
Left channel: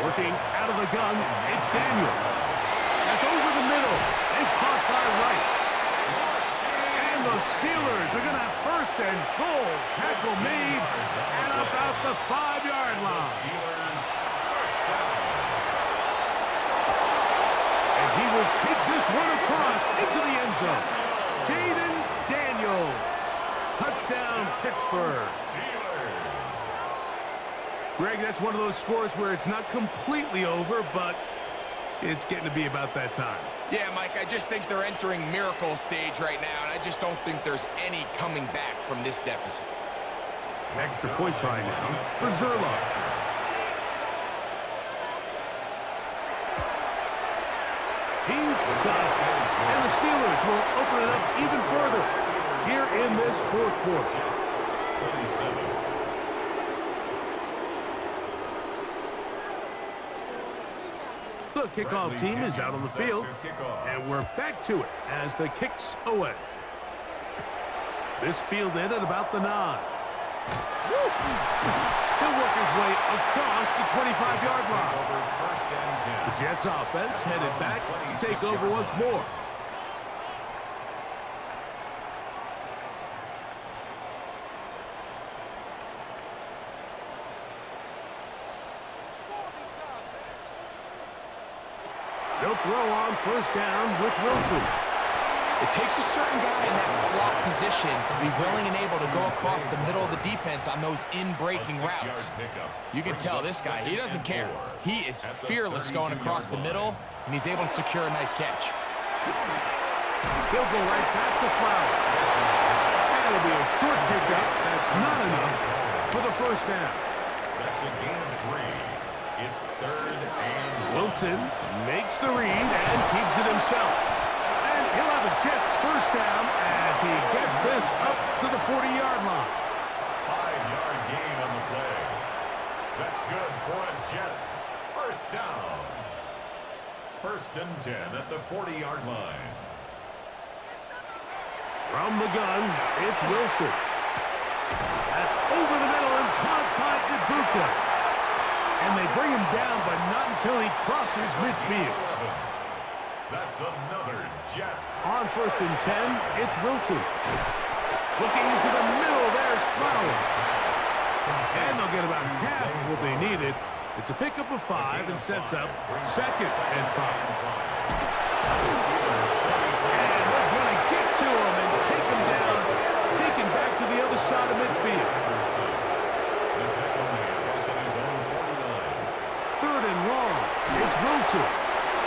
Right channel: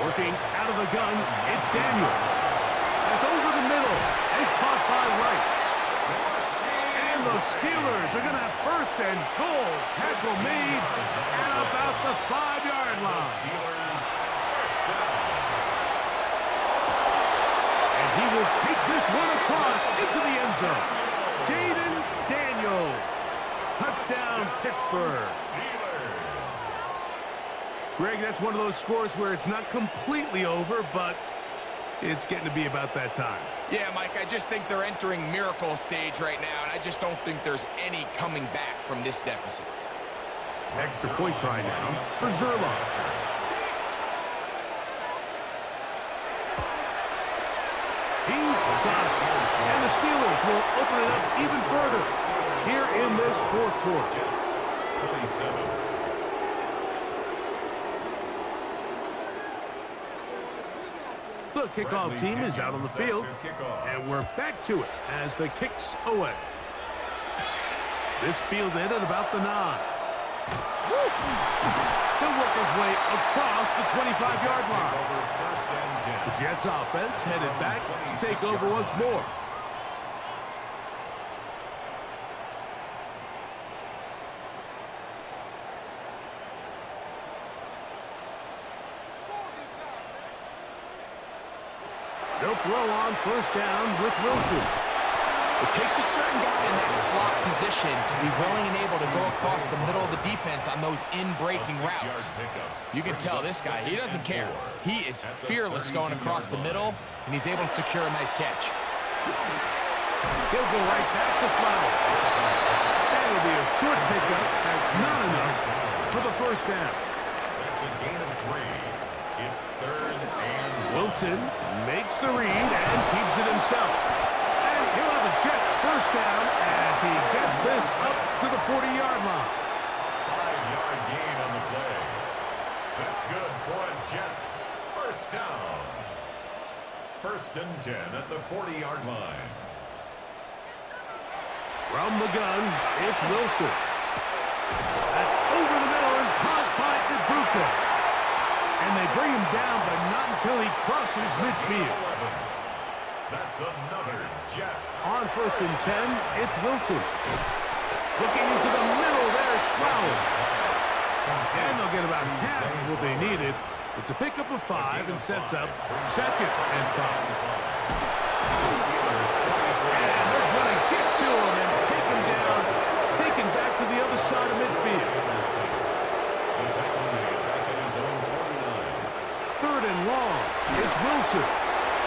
Working out of the gun, it's Daniels. That's over the middle and caught by Rice. And the Steelers are going to have 1st and goal. Tackle made at about the 5-yard line. And he will take this one across into the end zone. Jaden Daniels. Touchdown, Pittsburgh. Greg, that's one of those scores where it's not completely over, but it's getting to be about that time. Yeah, Mike, I just think they're entering miracle stage right now, and I just don't think there's any coming back from this deficit. Extra point try now for Zerlo. He's got it. And the Steelers will open it up even further here in this 4th quarter. 27. The kickoff team is out on the field, and we're back to it as the kick's away. This fielded at about the 9. He'll work his way across the 25-yard line. The Jets offense headed back to take over once more. They'll throw on first down with Wilson. It takes a certain guy in that slot position to be willing and able to go across the middle of the defense on those in-breaking routes. You can tell this guy, he doesn't care. He is fearless going across the middle, and he's able to secure a nice catch. He'll go right back to Flowers. That'll be a short pickup. That's not enough for the first down. That's a gain of 3. It's 3rd and Wilson makes the read and keeps it himself. And he'll have a Jets first down as he gets this up to the 40-yard line. 5-yard gain on the play. That's good for a Jets first down. 1st and 10 at the 40-yard line. From the gun, it's Wilson. That's over the middle and caught by Ibuka. And they bring him down, but not until he crosses midfield. That's another Jets. On 1st and 10, it's Wilson. Looking into the middle, there's Flowers. And they'll get about half of what they needed. It's a pickup of 5 and sets up 2nd and 5. And they're going to get to him and take him down, take him back to the other side of midfield. The tackle made back in his own 49. 3rd and long. It's Wilson.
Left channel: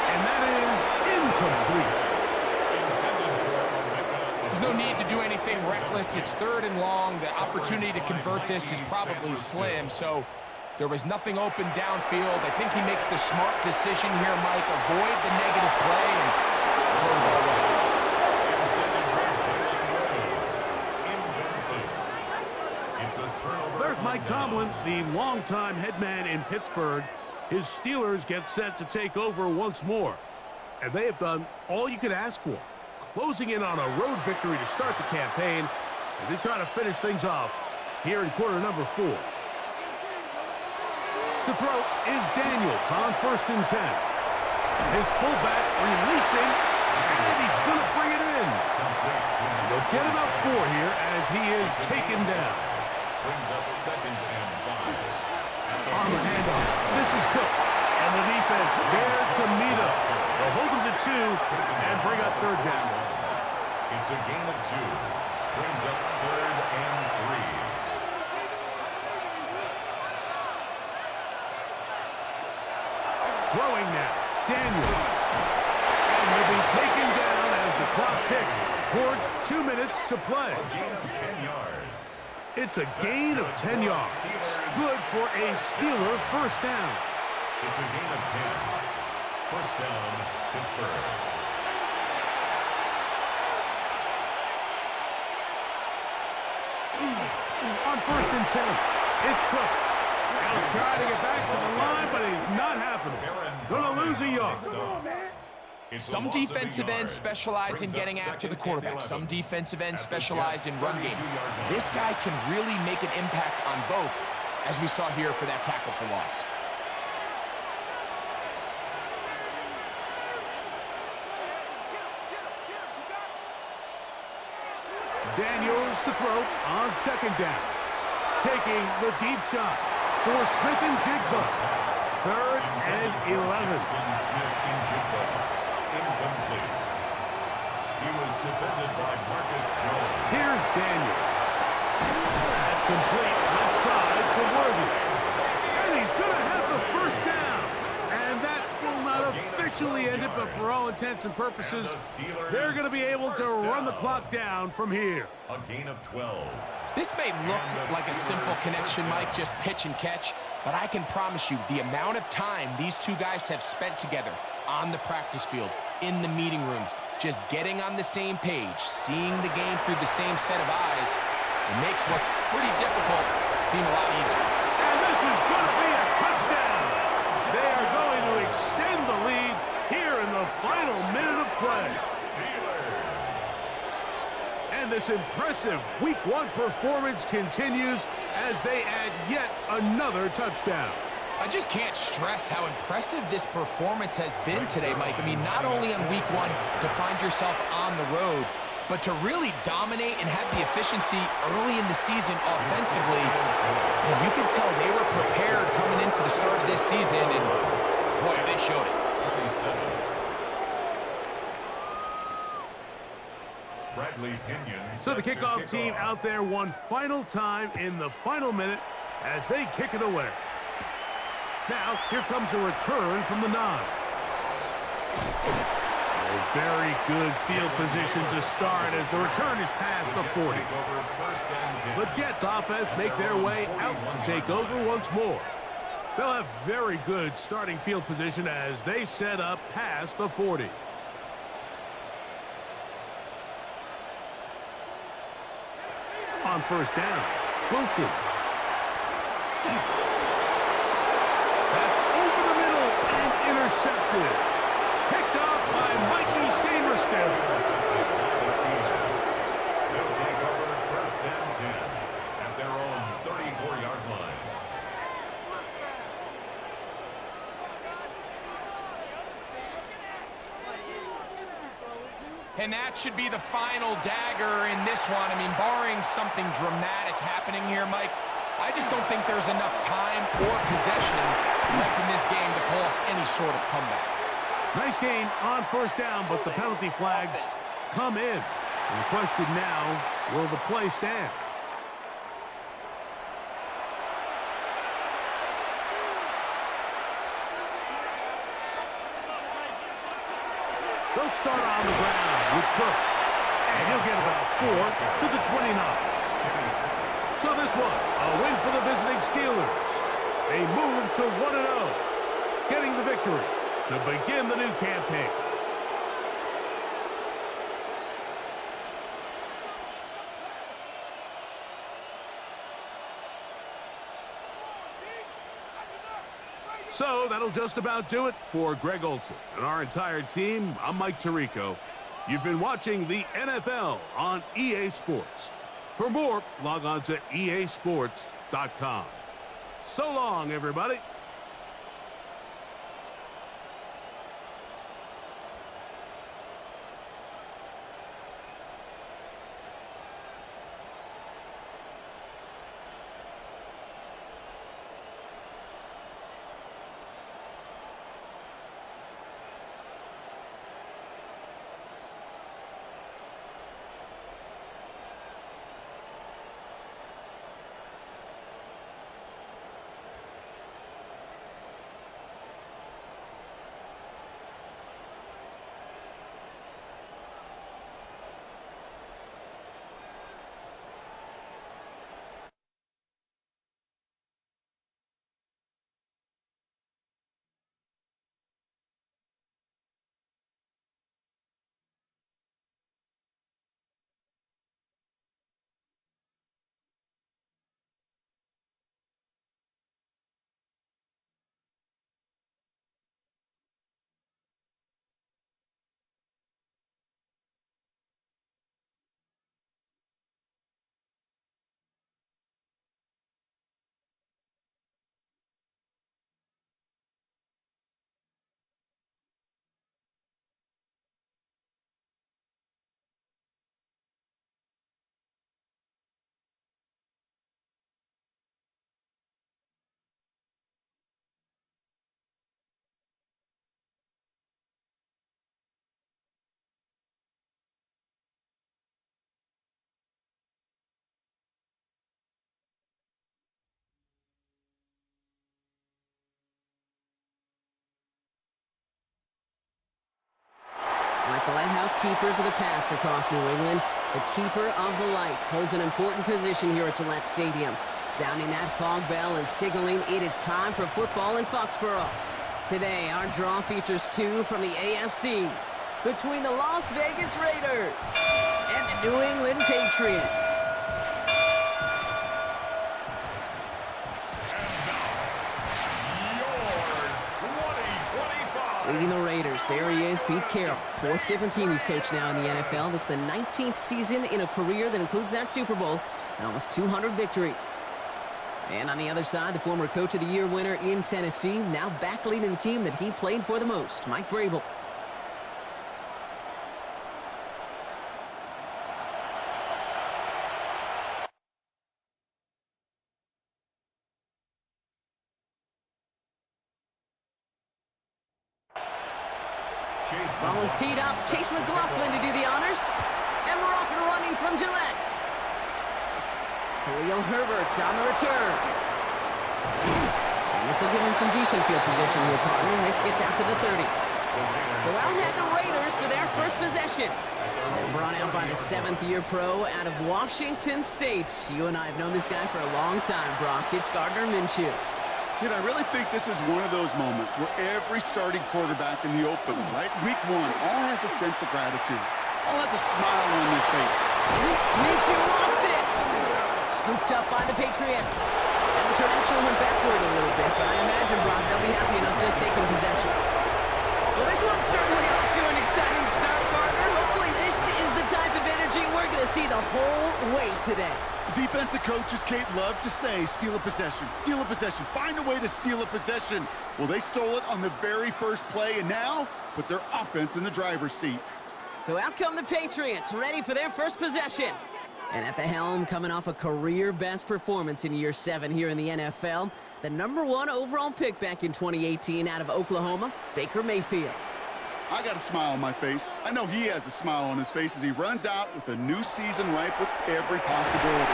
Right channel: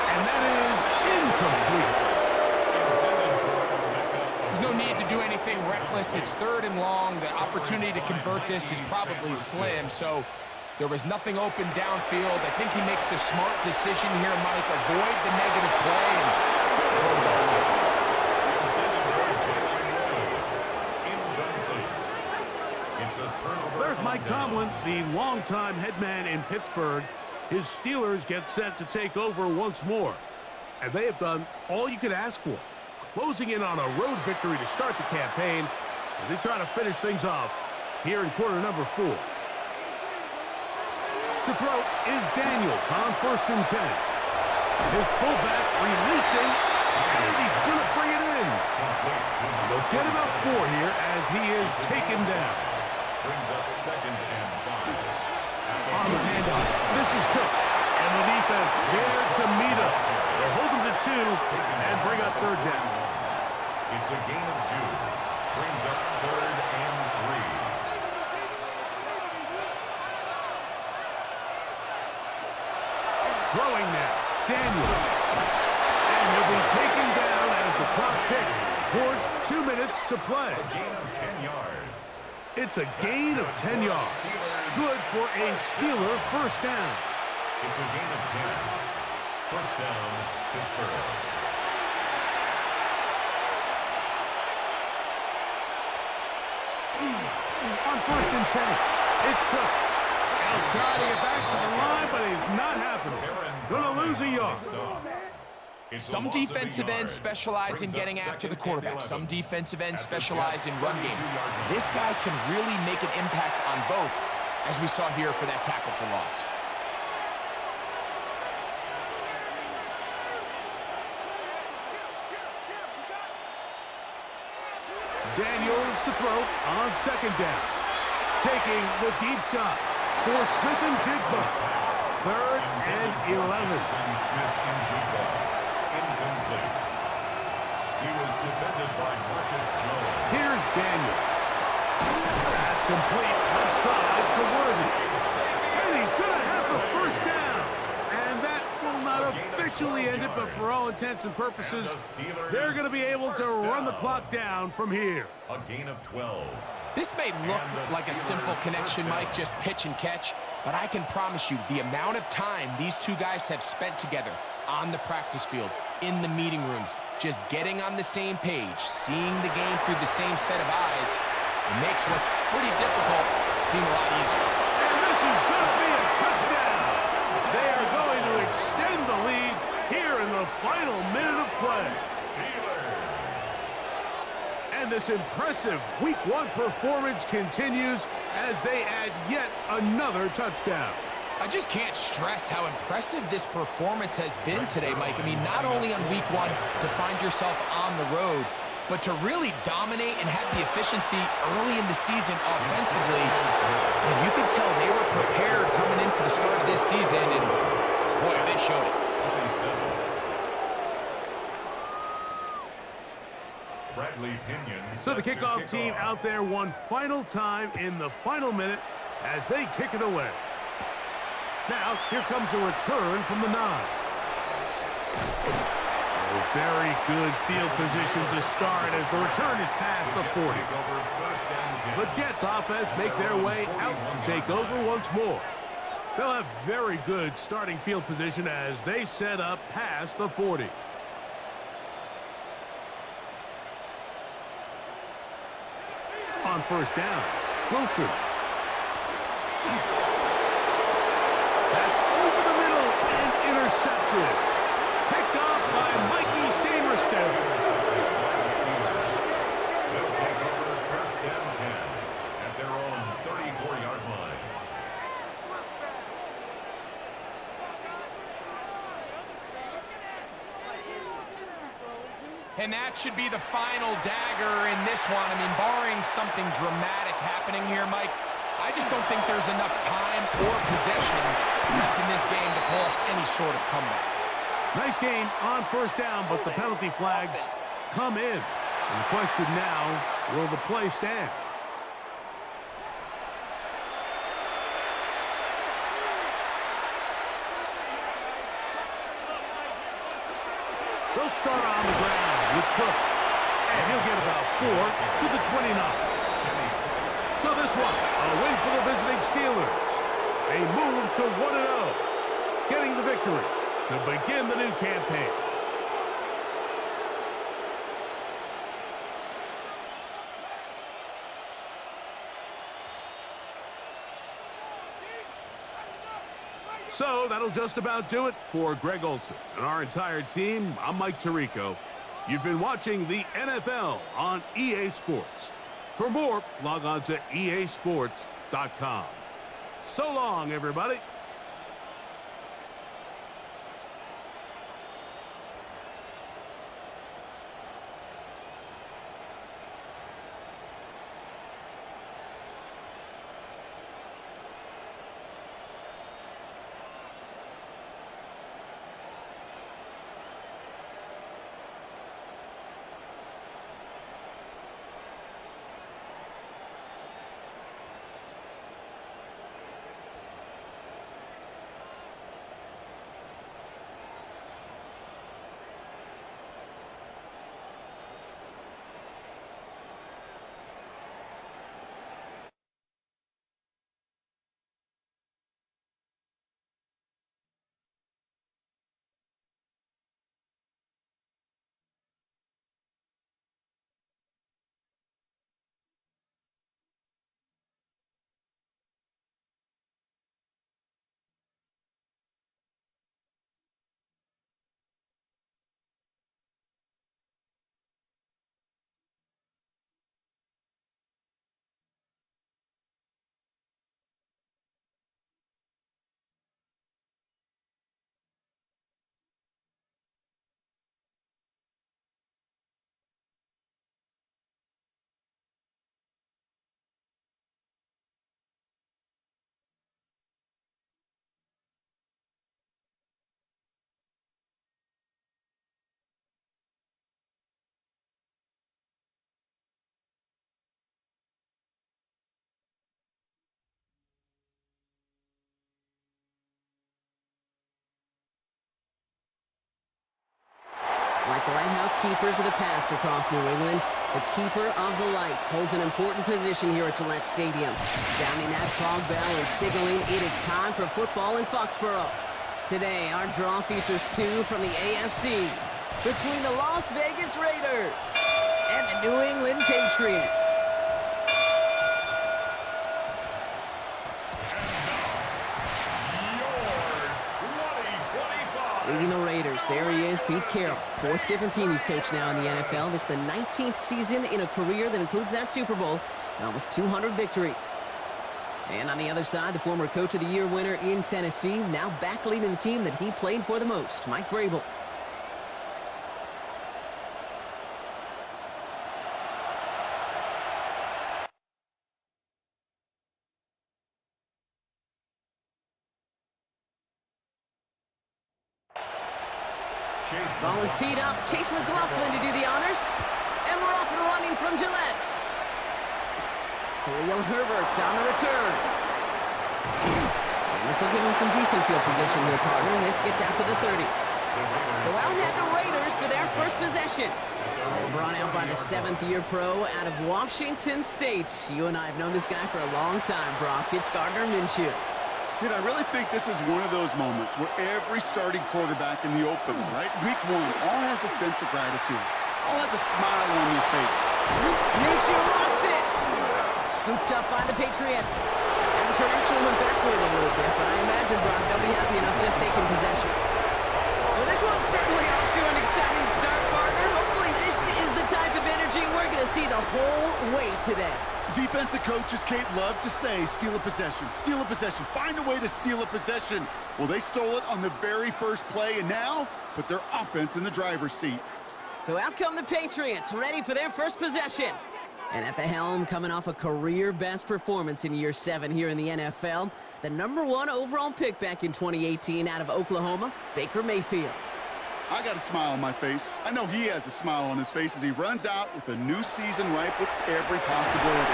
And that is incomplete. There's no need to do anything reckless. It's 3rd and long. The opportunity to convert this is probably slim. So there was nothing open downfield. I think he makes the smart decision here, Mike. Avoid the negative play and throw the ball right. There's Mike Tomlin, the longtime head man in Pittsburgh. His Steelers get set to take over once more. And they have done all you could ask for, closing in on a road victory to start the campaign as they try to finish things off here in quarter number 4. To throw is Daniels on 1st and 10. His fullback releasing, and he's going to bring it in. And they'll get about 4 here as he is taken down. Brings up 2nd and 5. On the handoff, this is Cook. And the defense there to meet up. They'll hold him to 2 and bring up 3rd down. It's a gain of 2. Brings up 3rd and 3. Throwing now, Daniels. And he'll be taken down as the clock ticks towards 2 minutes to play. A gain of 10 yards. It's a gain of 10 yards. Good for a Steeler first down. It's a gain of 10. First down, Pittsburgh. On 1st and 10, it's Cook. He'll try to get back to the line, but he's not happening. Gonna lose a yard. Some defensive ends specialize in getting after the quarterback. Some defensive ends specialize in run game. This guy can really make an impact on both, as we saw here for that tackle for loss. Daniels to throw on 2nd down. Taking the deep shot for Smith-Njigba. 3rd and 11. Smith-Njigba. Incomplete. He was defended by Marcus Jones. Here's Daniels. That's complete left side to Worthy. And he's going to have the first down. And that will not officially end it, but for all intents and purposes, they're going to be able to run the clock down from here. A gain of 12. This may look like a simple connection, Mike, just pitch and catch, but I can promise you the amount of time these two guys have spent together on the practice field, in the meeting rooms, just getting on the same page, seeing the game through the same set of eyes, it makes what's pretty difficult seem a lot easier. And this is going to be a touchdown. They are going to extend the lead here in the final minute of play. And this impressive Week 1 performance continues as they add yet another touchdown. I just can't stress how impressive this performance has been today, Mike. I mean, not only on week 1 to find yourself on the road, but to really dominate and have the efficiency early in the season offensively. And you can tell they were prepared coming into the start of this season, and boy, they showed it. So the kickoff team out there one final time in the final minute as they kick it away. Now, here comes a return from the 9. Oh, very good field position to start as the return is past the 40. The Jets offense make their way out to take over once more. They'll have very good starting field position as they set up past the 40. On first down, Wilson. That's over the middle and intercepted. Picked off by Mikey Sainristil. They'll take over first and 10 at their own 34-yard line. And that should be the final dagger in this one. I mean, barring something dramatic happening here, Mike, I just don't think there's enough time or possessions left in this game to pull off any sort of comeback. Nice gain on first down, but the penalty flags come in. And the question now, will the play stand? They'll start on the ground with Cook. And he'll get about 4 to the 29. So this one, a win for the visiting Steelers. They move to 1-0, getting the victory to begin the new campaign. So that'll just about do it for Greg Olsen and our entire team. I'm Mike Tirico. You've been watching the NFL on EA Sports. For more, log on to easports.com. So long, everybody. Like the lighthouse keepers of the past across New England, the keeper of the lights holds an important position here at Gillette Stadium, sounding that fog bell and signaling it is time for football in Foxborough. Today, our draw features 2 from the AFC between the Las Vegas Raiders and the New England Patriots. Leading the Raiders, there he is, Pete Carroll. 4th different team he's coached now in the NFL. This is the 19th season in a career that includes that Super Bowl and almost 200 victories. And on the other side, the former Coach of the Year winner in Tennessee, now back leading the team that he played for the most, Mike Vrabel. Ball is teed up. Chase McLaughlin to do the honors. And we're off and running from Gillette. Khalil Herbert on the return. And this will give him some decent field position here, partner. And this gets out to the 30. So out had the Raiders for their first possession. They're brought out by the 7th-year pro out of Washington State. You and I have known this guy for a long time, Brock. It's Gardner Minshew. Kid, I really think this is one of those moments where every starting quarterback in the opener, right? Week 1, all has a sense of gratitude. All has a smile on their face. Minshew lost it. Scooped up by the Patriots. That return actually went backward a little bit, but I imagine, Brock, they'll be happy enough just taking possession. Well, this one's certainly off to an exciting start, partner. Hopefully this is the type of energy we're going to see the whole way today. Defensive coaches, Kate, love to say, steal a possession, find a way to steal a possession. Well, they stole it on the very first play, and now put their offense in the driver's seat. So out come the Patriots, ready for their first possession. And at the helm, coming off a career-best performance in year 7 here in the NFL, the #1 overall pick back in 2018 out of Oklahoma, Baker Mayfield. I got a smile on my face. I know he has a smile on his face as he runs out with a new season ripe with every possibility.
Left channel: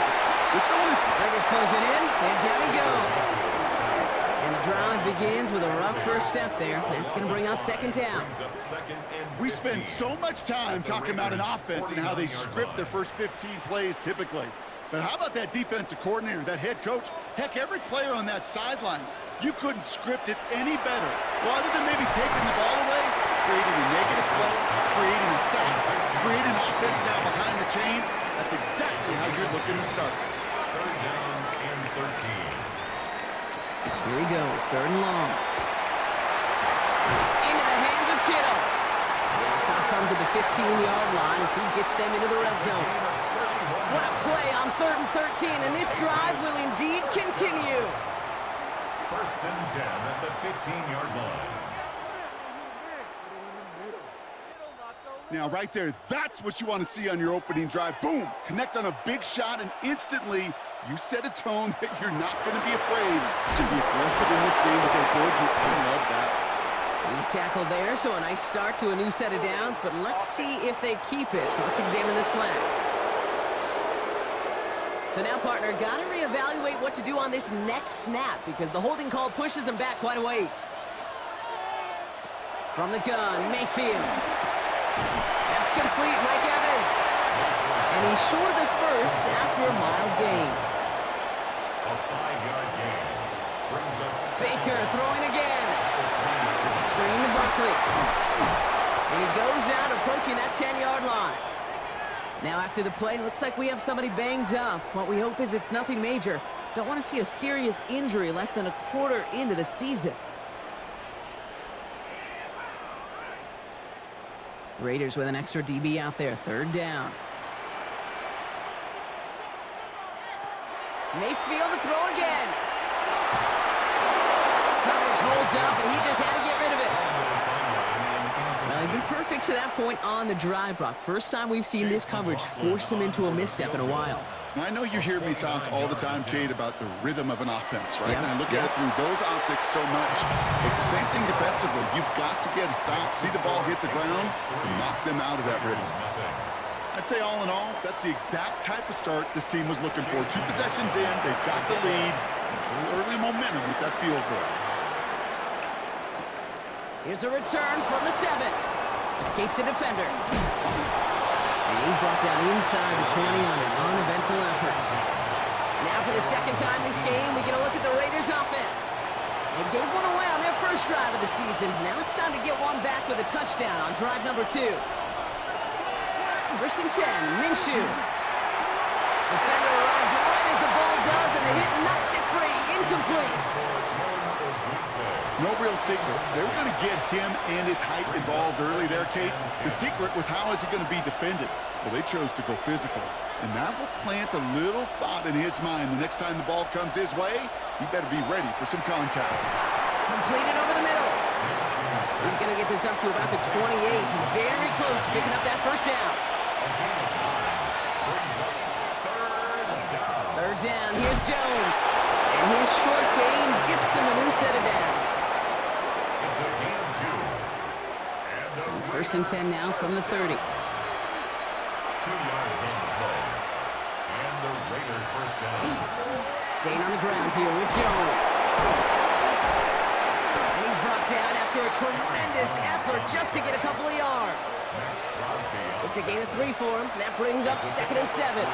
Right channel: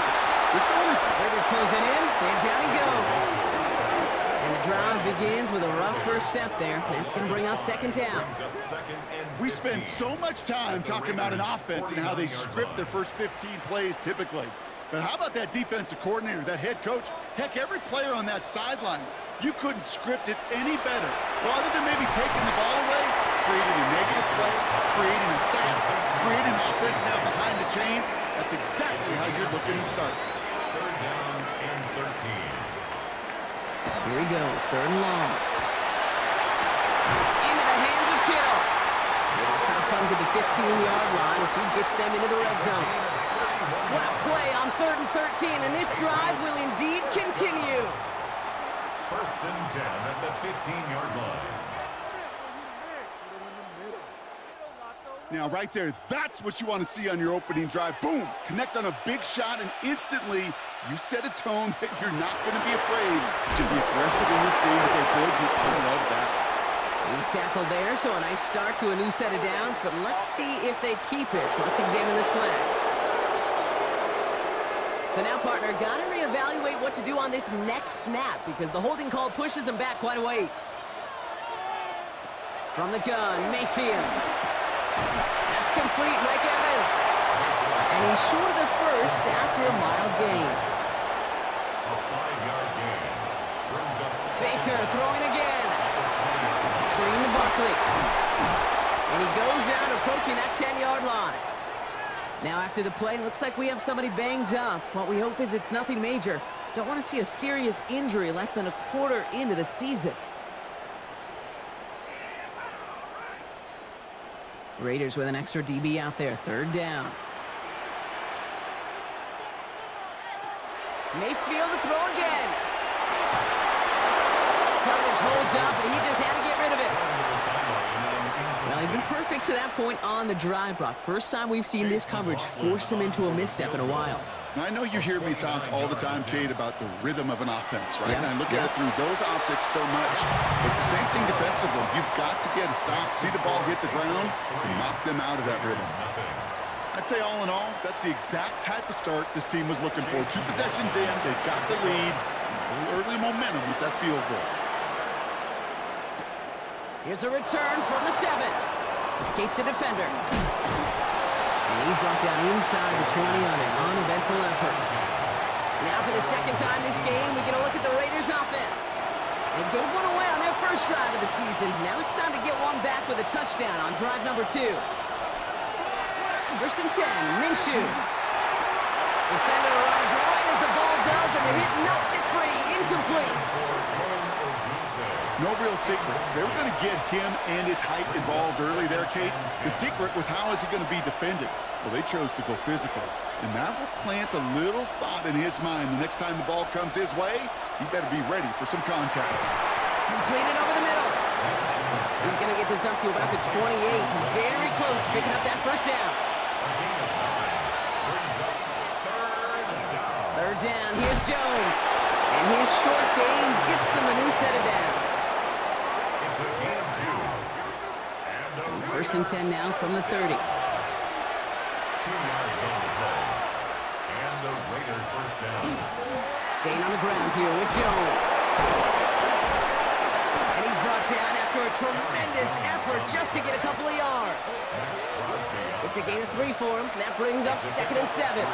Raiders closing in, and down he goes. And the drive begins with a rough first step there. That's going to bring up 2nd down. We spend so much time talking about an offense and how they script their first 15 plays typically. But how about that defensive coordinator, that head coach? Heck, every player on that sidelines, you couldn't script it any better. Well, other than maybe taking the ball away, creating a negative play, creating a sack, creating offense now behind the chains, that's exactly how you're looking to start. 3rd down and 13. Here he goes, 3rd and long. Into the hands of Kittle. And the stop comes at the 15-yard line as he gets them into the red zone. What a play on 3rd and 13, and this drive will indeed continue. 1st and 10 at the 15-yard line. Now, right there, that's what you want to see on your opening drive. Boom! Connect on a big shot, and instantly, you set a tone that you're not going to be afraid to be aggressive in this game today. Boy, do I love that. He's tackled there, so a nice start to a new set of downs, but let's see if they keep it. Let's examine this flag. So now, partner, got to reevaluate what to do on this next snap because the holding call pushes him back quite a ways. From the gun, Mayfield. That's complete, Mike Evans. And he's short of the first after a mild gain. A 5-yard gain. Brings up Baker throwing again. It's a screen to Buckley. And he goes out approaching that 10-yard line. Now after the play, looks like we have somebody banged up. What we hope is it's nothing major. Don't want to see a serious injury less than a quarter into the season. Raiders with an extra DB out there, 3rd down. Mayfield to throw again. Coverage holds up, and he just had to get rid of it. Well, he'd been perfect to that point on the drive, Brock. First time we've seen this coverage force him into a misstep in a while. I know you hear me talk all the time, Kate, about the rhythm of an offense, right? Yeah, and I look at it through those optics so much. It's the same thing defensively. You've got to get a stop, see the ball hit the ground to knock them out of that rhythm. I'd say all in all, that's the exact type of start this team was looking for. 2 possessions in, they've got the lead, a little early momentum with that field goal. Here's a return from the 7. Escapes a defender. And he's brought down inside the 20 on an uneventful effort. Now for the 2nd time this game, we get a look at the Raiders offense. They gave one away on their first drive of the season. Now it's time to get one back with a touchdown on drive number 2. 1st and 10, Minshew. Defender arrives right as the ball does, and the hit knocks it free. Incomplete. No real secret. They were going to get him and his height involved early there, Kate. The secret was, how is he going to be defended? Well, they chose to go physical, and that will plant a little thought in his mind. The next time the ball comes his way, he better be ready for some contact. Completed over the middle. He's going to get this up to about the 28. Very close to picking up that first down. Third down. Here's Jones. And his short gain gets them a new set of downs. It's a gain of 2. So first and 10 now from the 30. 2 yards on the play. And the Raider first down. Staying on the ground here with Jones. And he's brought down after a tremendous effort just to get a couple of yards. It's a gain of 3 for him. That brings up 2nd and 7.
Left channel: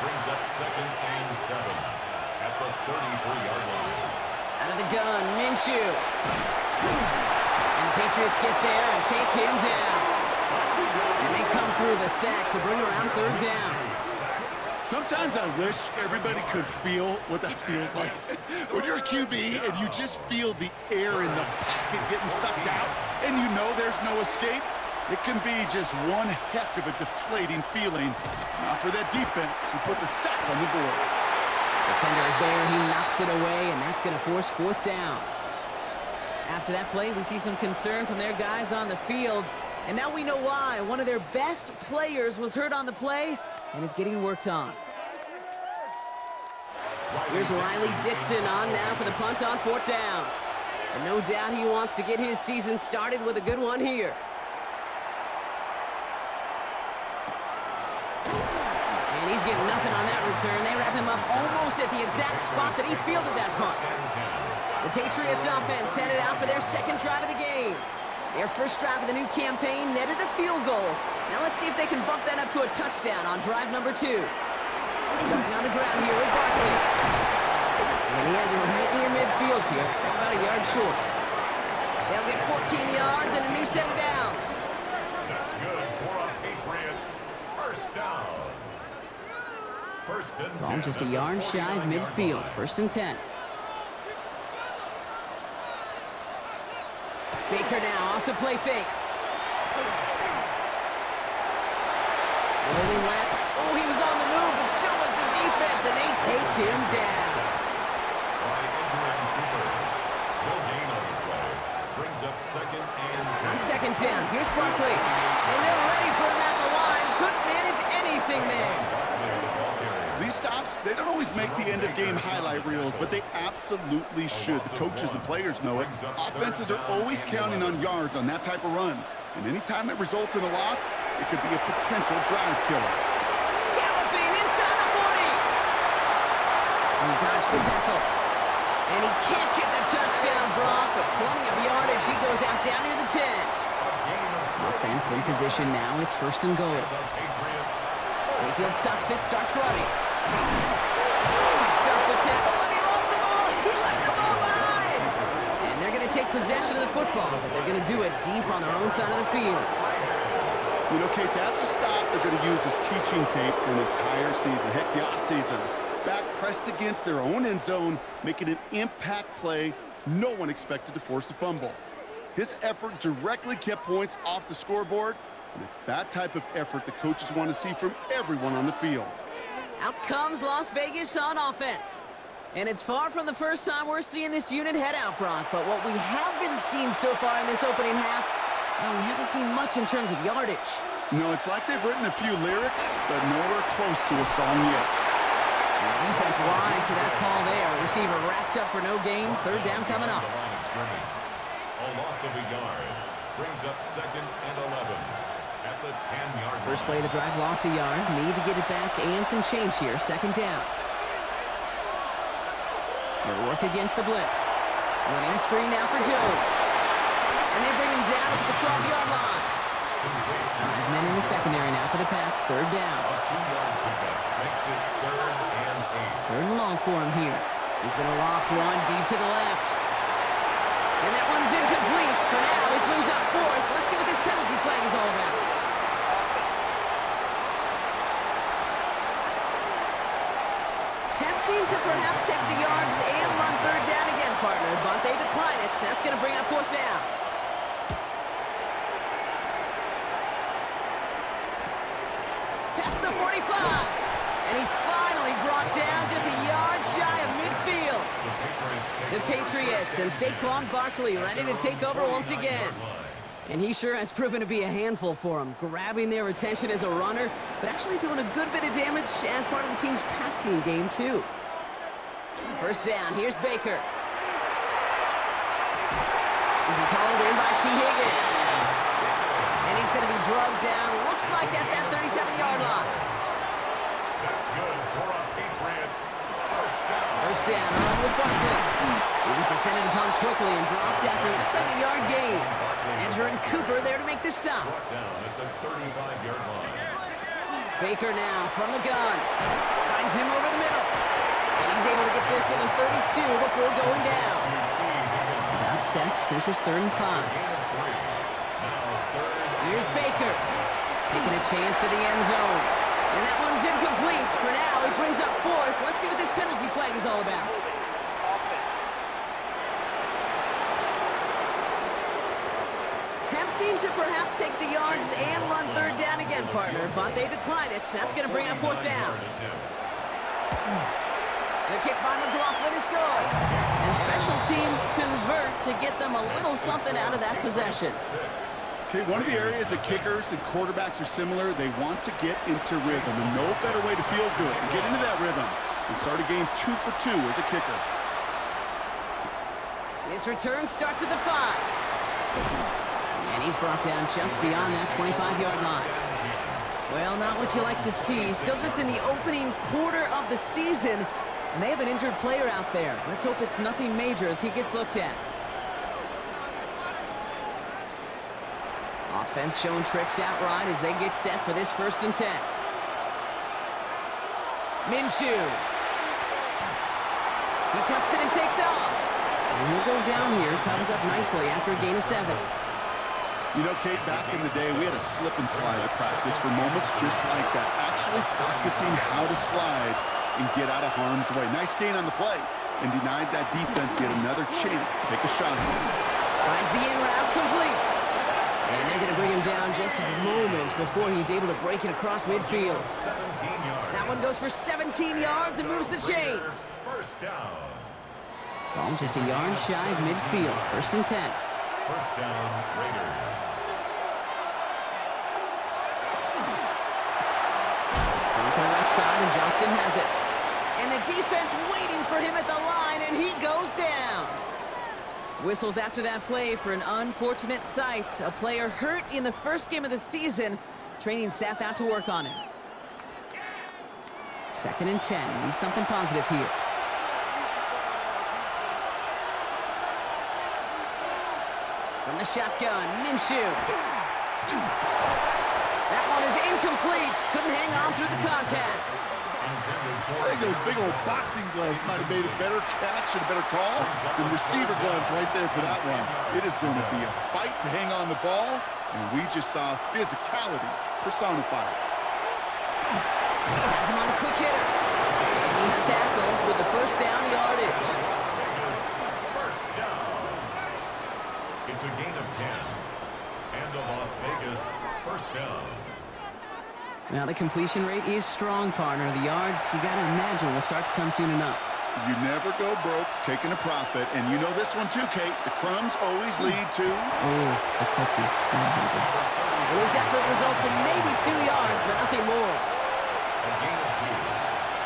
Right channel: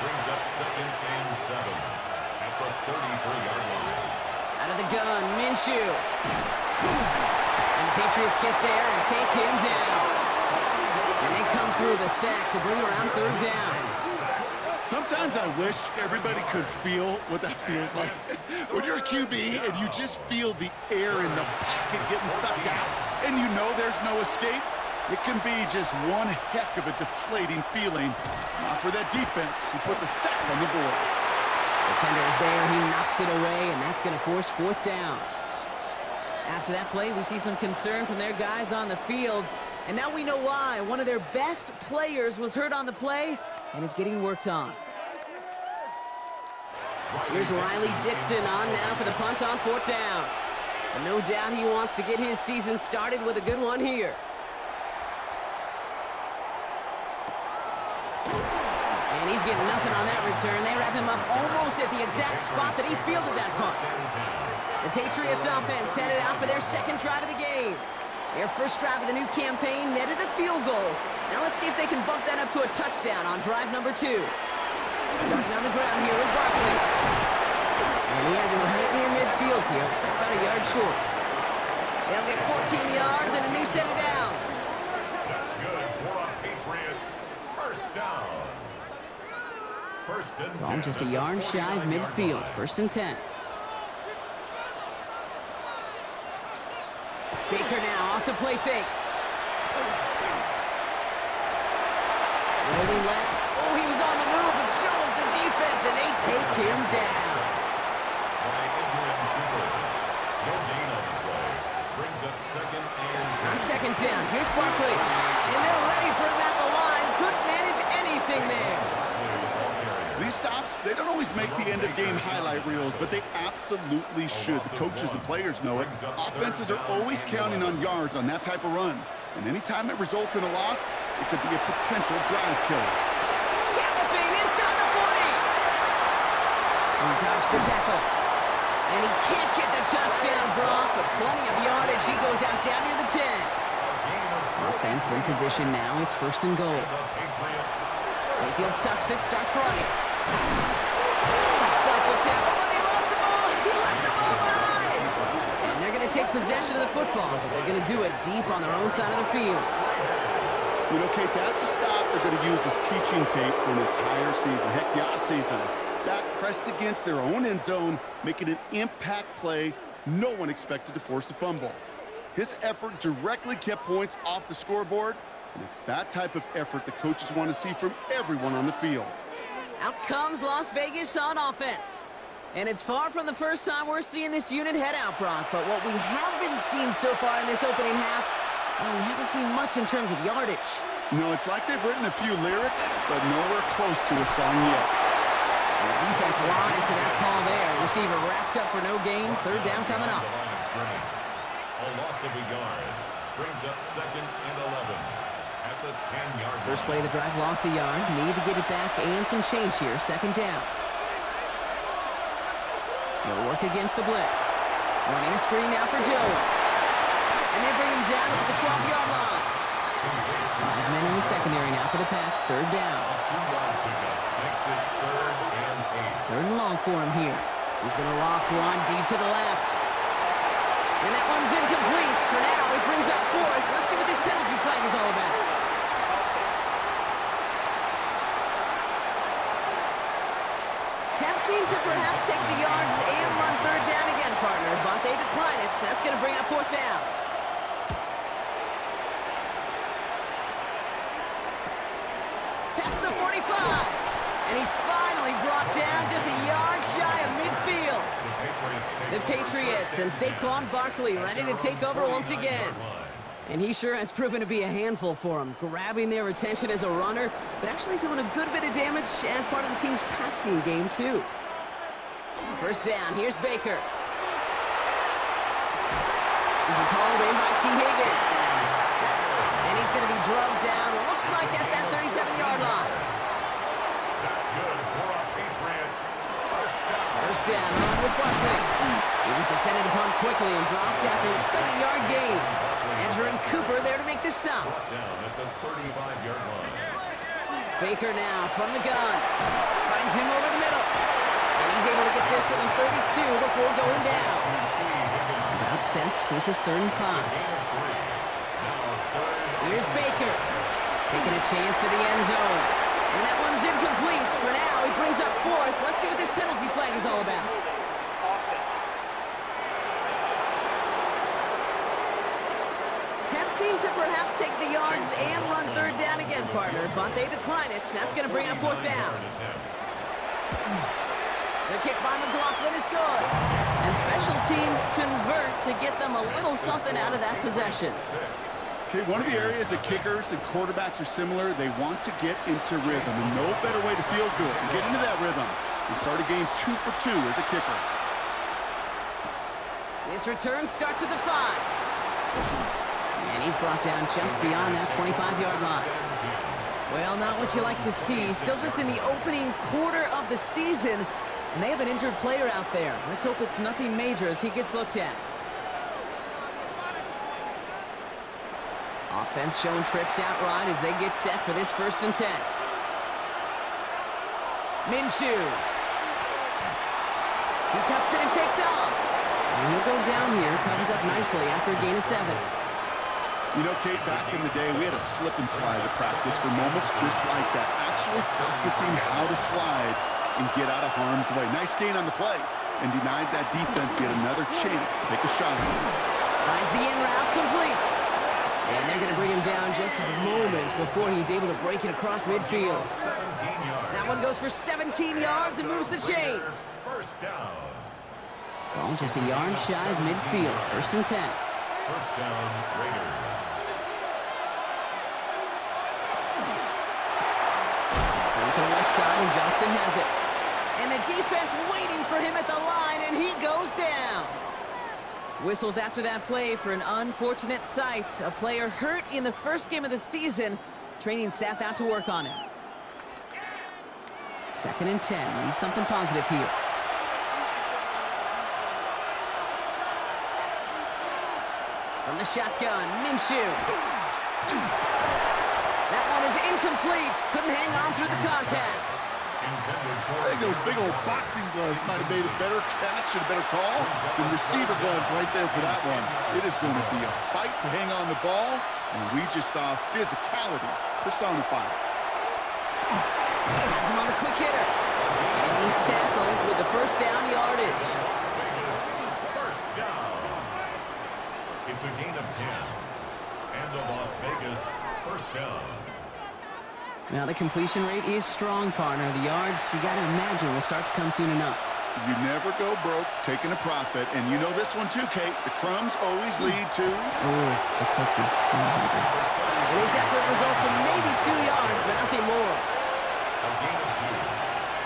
Brings up 2nd and 7 at the 33-yard line. Out of the gun, Minshew. And the Patriots get there and take him down. And they come through the sack to bring around 3rd down. Sometimes I wish everybody could feel what that feels like. When you're a QB and you just feel the air in the pocket getting sucked out and you know there's no escape, it can be just one heck of a deflating feeling. Not for that defense, who puts a sack on the board. Defender is there, he knocks it away, and that's going to force 4th down. After that play, we see some concern from their guys on the field, and now we know why. One of their best players was hurt on the play and is getting worked on. Here's Riley Dixon on now for the punt on 4th down. And no doubt he wants to get his season started with a good one here. And he's getting nothing on that return. They wrap him up almost at the exact spot that he fielded that punt. The Patriots offense headed out for their 2nd drive of the game. Their first drive of the new campaign netted a field goal. Now let's see if they can bump that up to a touchdown on drive number 2. Starting on the ground here with Barkley. And he has it right near midfield here. It's about a yard short. They'll get 14 yards and a new set of downs. That's good for a Patriots first down. First and 10. Ball just a yard shy of midfield. 1st and 10. Baker now off the play fake. Rolling left. Oh, he was on the move, but so was the defense, and they take him down. By Edgerrin Cooper. No gain on the play. Brings up 2nd and 10. On 2nd down, here's Barkley. And they're ready for him at the line. Couldn't manage anything there. These stops, they don't always make the end-of-game highlight reels, but they absolutely should. The coaches and players know it. Offenses are always counting on yards on that type of run. And anytime it results in a loss, it could be a potential drive killer. Galloping inside the 40. And he dodged the tackle. And he can't get the touchdown, Brock, but plenty of yardage. He goes out down near the 10. Offense in position now. It's 1st and goal. Mayfield sucks it, starts running. Fights off the tackle, but he lost the ball. He left the ball behind. And they're going to take possession of the football, but they're going to do it deep on their own side of the field. You know, Kate, that's a stop they're going to use as teaching tape for an entire season. Heck, the offseason. Back pressed against their own end zone, making an impact play. No one expected to force a fumble. His effort directly kept points off the scoreboard. And it's that type of effort the coaches want to see from everyone on the field. Out comes Las Vegas on offense. And it's far from the first time we're seeing this unit head out, Brock. But what we haven't seen so far in this opening half, well, we haven't seen much in terms of yardage. No, it's like they've written a few lyrics, but nowhere close to a song yet. And the defense wise to that call there. Receiver wrapped up for no gain. 3rd down coming up. A loss of a yard. Brings up 2nd and 11. At the 10-yard line. First play of the drive, lost a yard. Need to get it back and some change here. 2nd down. He'll work against the blitz. Running a screen now for Jones. And they bring him down up at the 12-yard line. 5 men in the secondary now for the Pats. 3rd down. A 2-yard pickup makes it 3rd and 8. 3rd and long for him here. He's going to loft one deep to the left. And that one's incomplete. For now, it brings up 4th. Let's see what this penalty flag is all about. Tempting to perhaps take the yards and run third down again, partner, but they decline it. That's going to bring up fourth down. Past the 45. And he's finally brought down just a yard shy of midfield. The Patriots and Saquon Barkley ready to take over once again. And he sure has proven to be a handful for him, grabbing their attention as a runner, but actually doing a good bit of damage as part of the team's passing game, too. First down, here's Baker. This is hauled in by T. Higgins. And he's going to be drugged down, looks like at that 37-yard line. That's good for a Patriots. First down, run with Barkley. He was descended upon quickly and dropped after looks like a yard gain. Edger and Cooper there to make the stop. Down at the 35-yard line. Baker now from the gun. Finds him over the middle. And he's able to get this to the 32 before going down. About set. This is 3rd and 5. Here's Baker. Taking a chance to the end zone. And that one's incomplete. For now, he brings up 4th. Let's see what this penalty flag is all about. Tempting to perhaps take the yards and run third down again, partner, but they decline it. That's going to bring up 4th down. The kick by McLaughlin is good. And special teams convert to get them a little something out of that possession. Okay, one of the areas that kickers and quarterbacks are similar, they want to get into rhythm. And no better way to feel good and get into that rhythm and start a game 2 for 2 as a kicker. This return starts at the 5. And he's brought down just beyond that 25-yard line. Well, not what you like to see. Still just in the opening quarter of the season. And they have an injured player out there. Let's hope it's nothing major as he gets looked at. Offense showing trips outright as they get set for this 1st and 10. Minshew. He tucks it and takes off. And he'll go down here, covers up nicely after a gain of 7. You know, Kate, back in the day, we had a slip and slide at practice for moments just like that. Actually practicing how to slide and get out of harm's way. Nice gain on the play and denied that defense yet another chance to take a shot. Finds the in route complete. And they're going to bring him down just a moment before he's able to break it across midfield. That one goes for 17 yards and moves the chains. First down. Ball just a yard shy of midfield. 1st and 10. First down, Raiders. On to the left side, and Johnston has it. And the defense waiting for him at the line, and he goes down. Whistles after that play for an unfortunate sight. A player hurt in the first game of the season. Training staff out to work on it. 2nd and 10. Need something positive here. From the shotgun, Minshew. That one is incomplete. Couldn't hang on through the contact. I think those big old boxing gloves might have made a better catch and a better call than receiver gloves right there for that one. It is going to be a fight to hang on the ball, and we just saw physicality personified. Has him on the quick hitter. And he's tackled with the first down yardage. First down. It's a gain of 10. And the Las Vegas first down. Now, the completion rate is strong, partner. The yards, you got to imagine, will start to come soon enough. You never go broke taking a profit, and you know this one too, Kate. The crumbs always lead to... Oh, the cookie. And his effort results in maybe 2 yards, but nothing more. A gain of 2.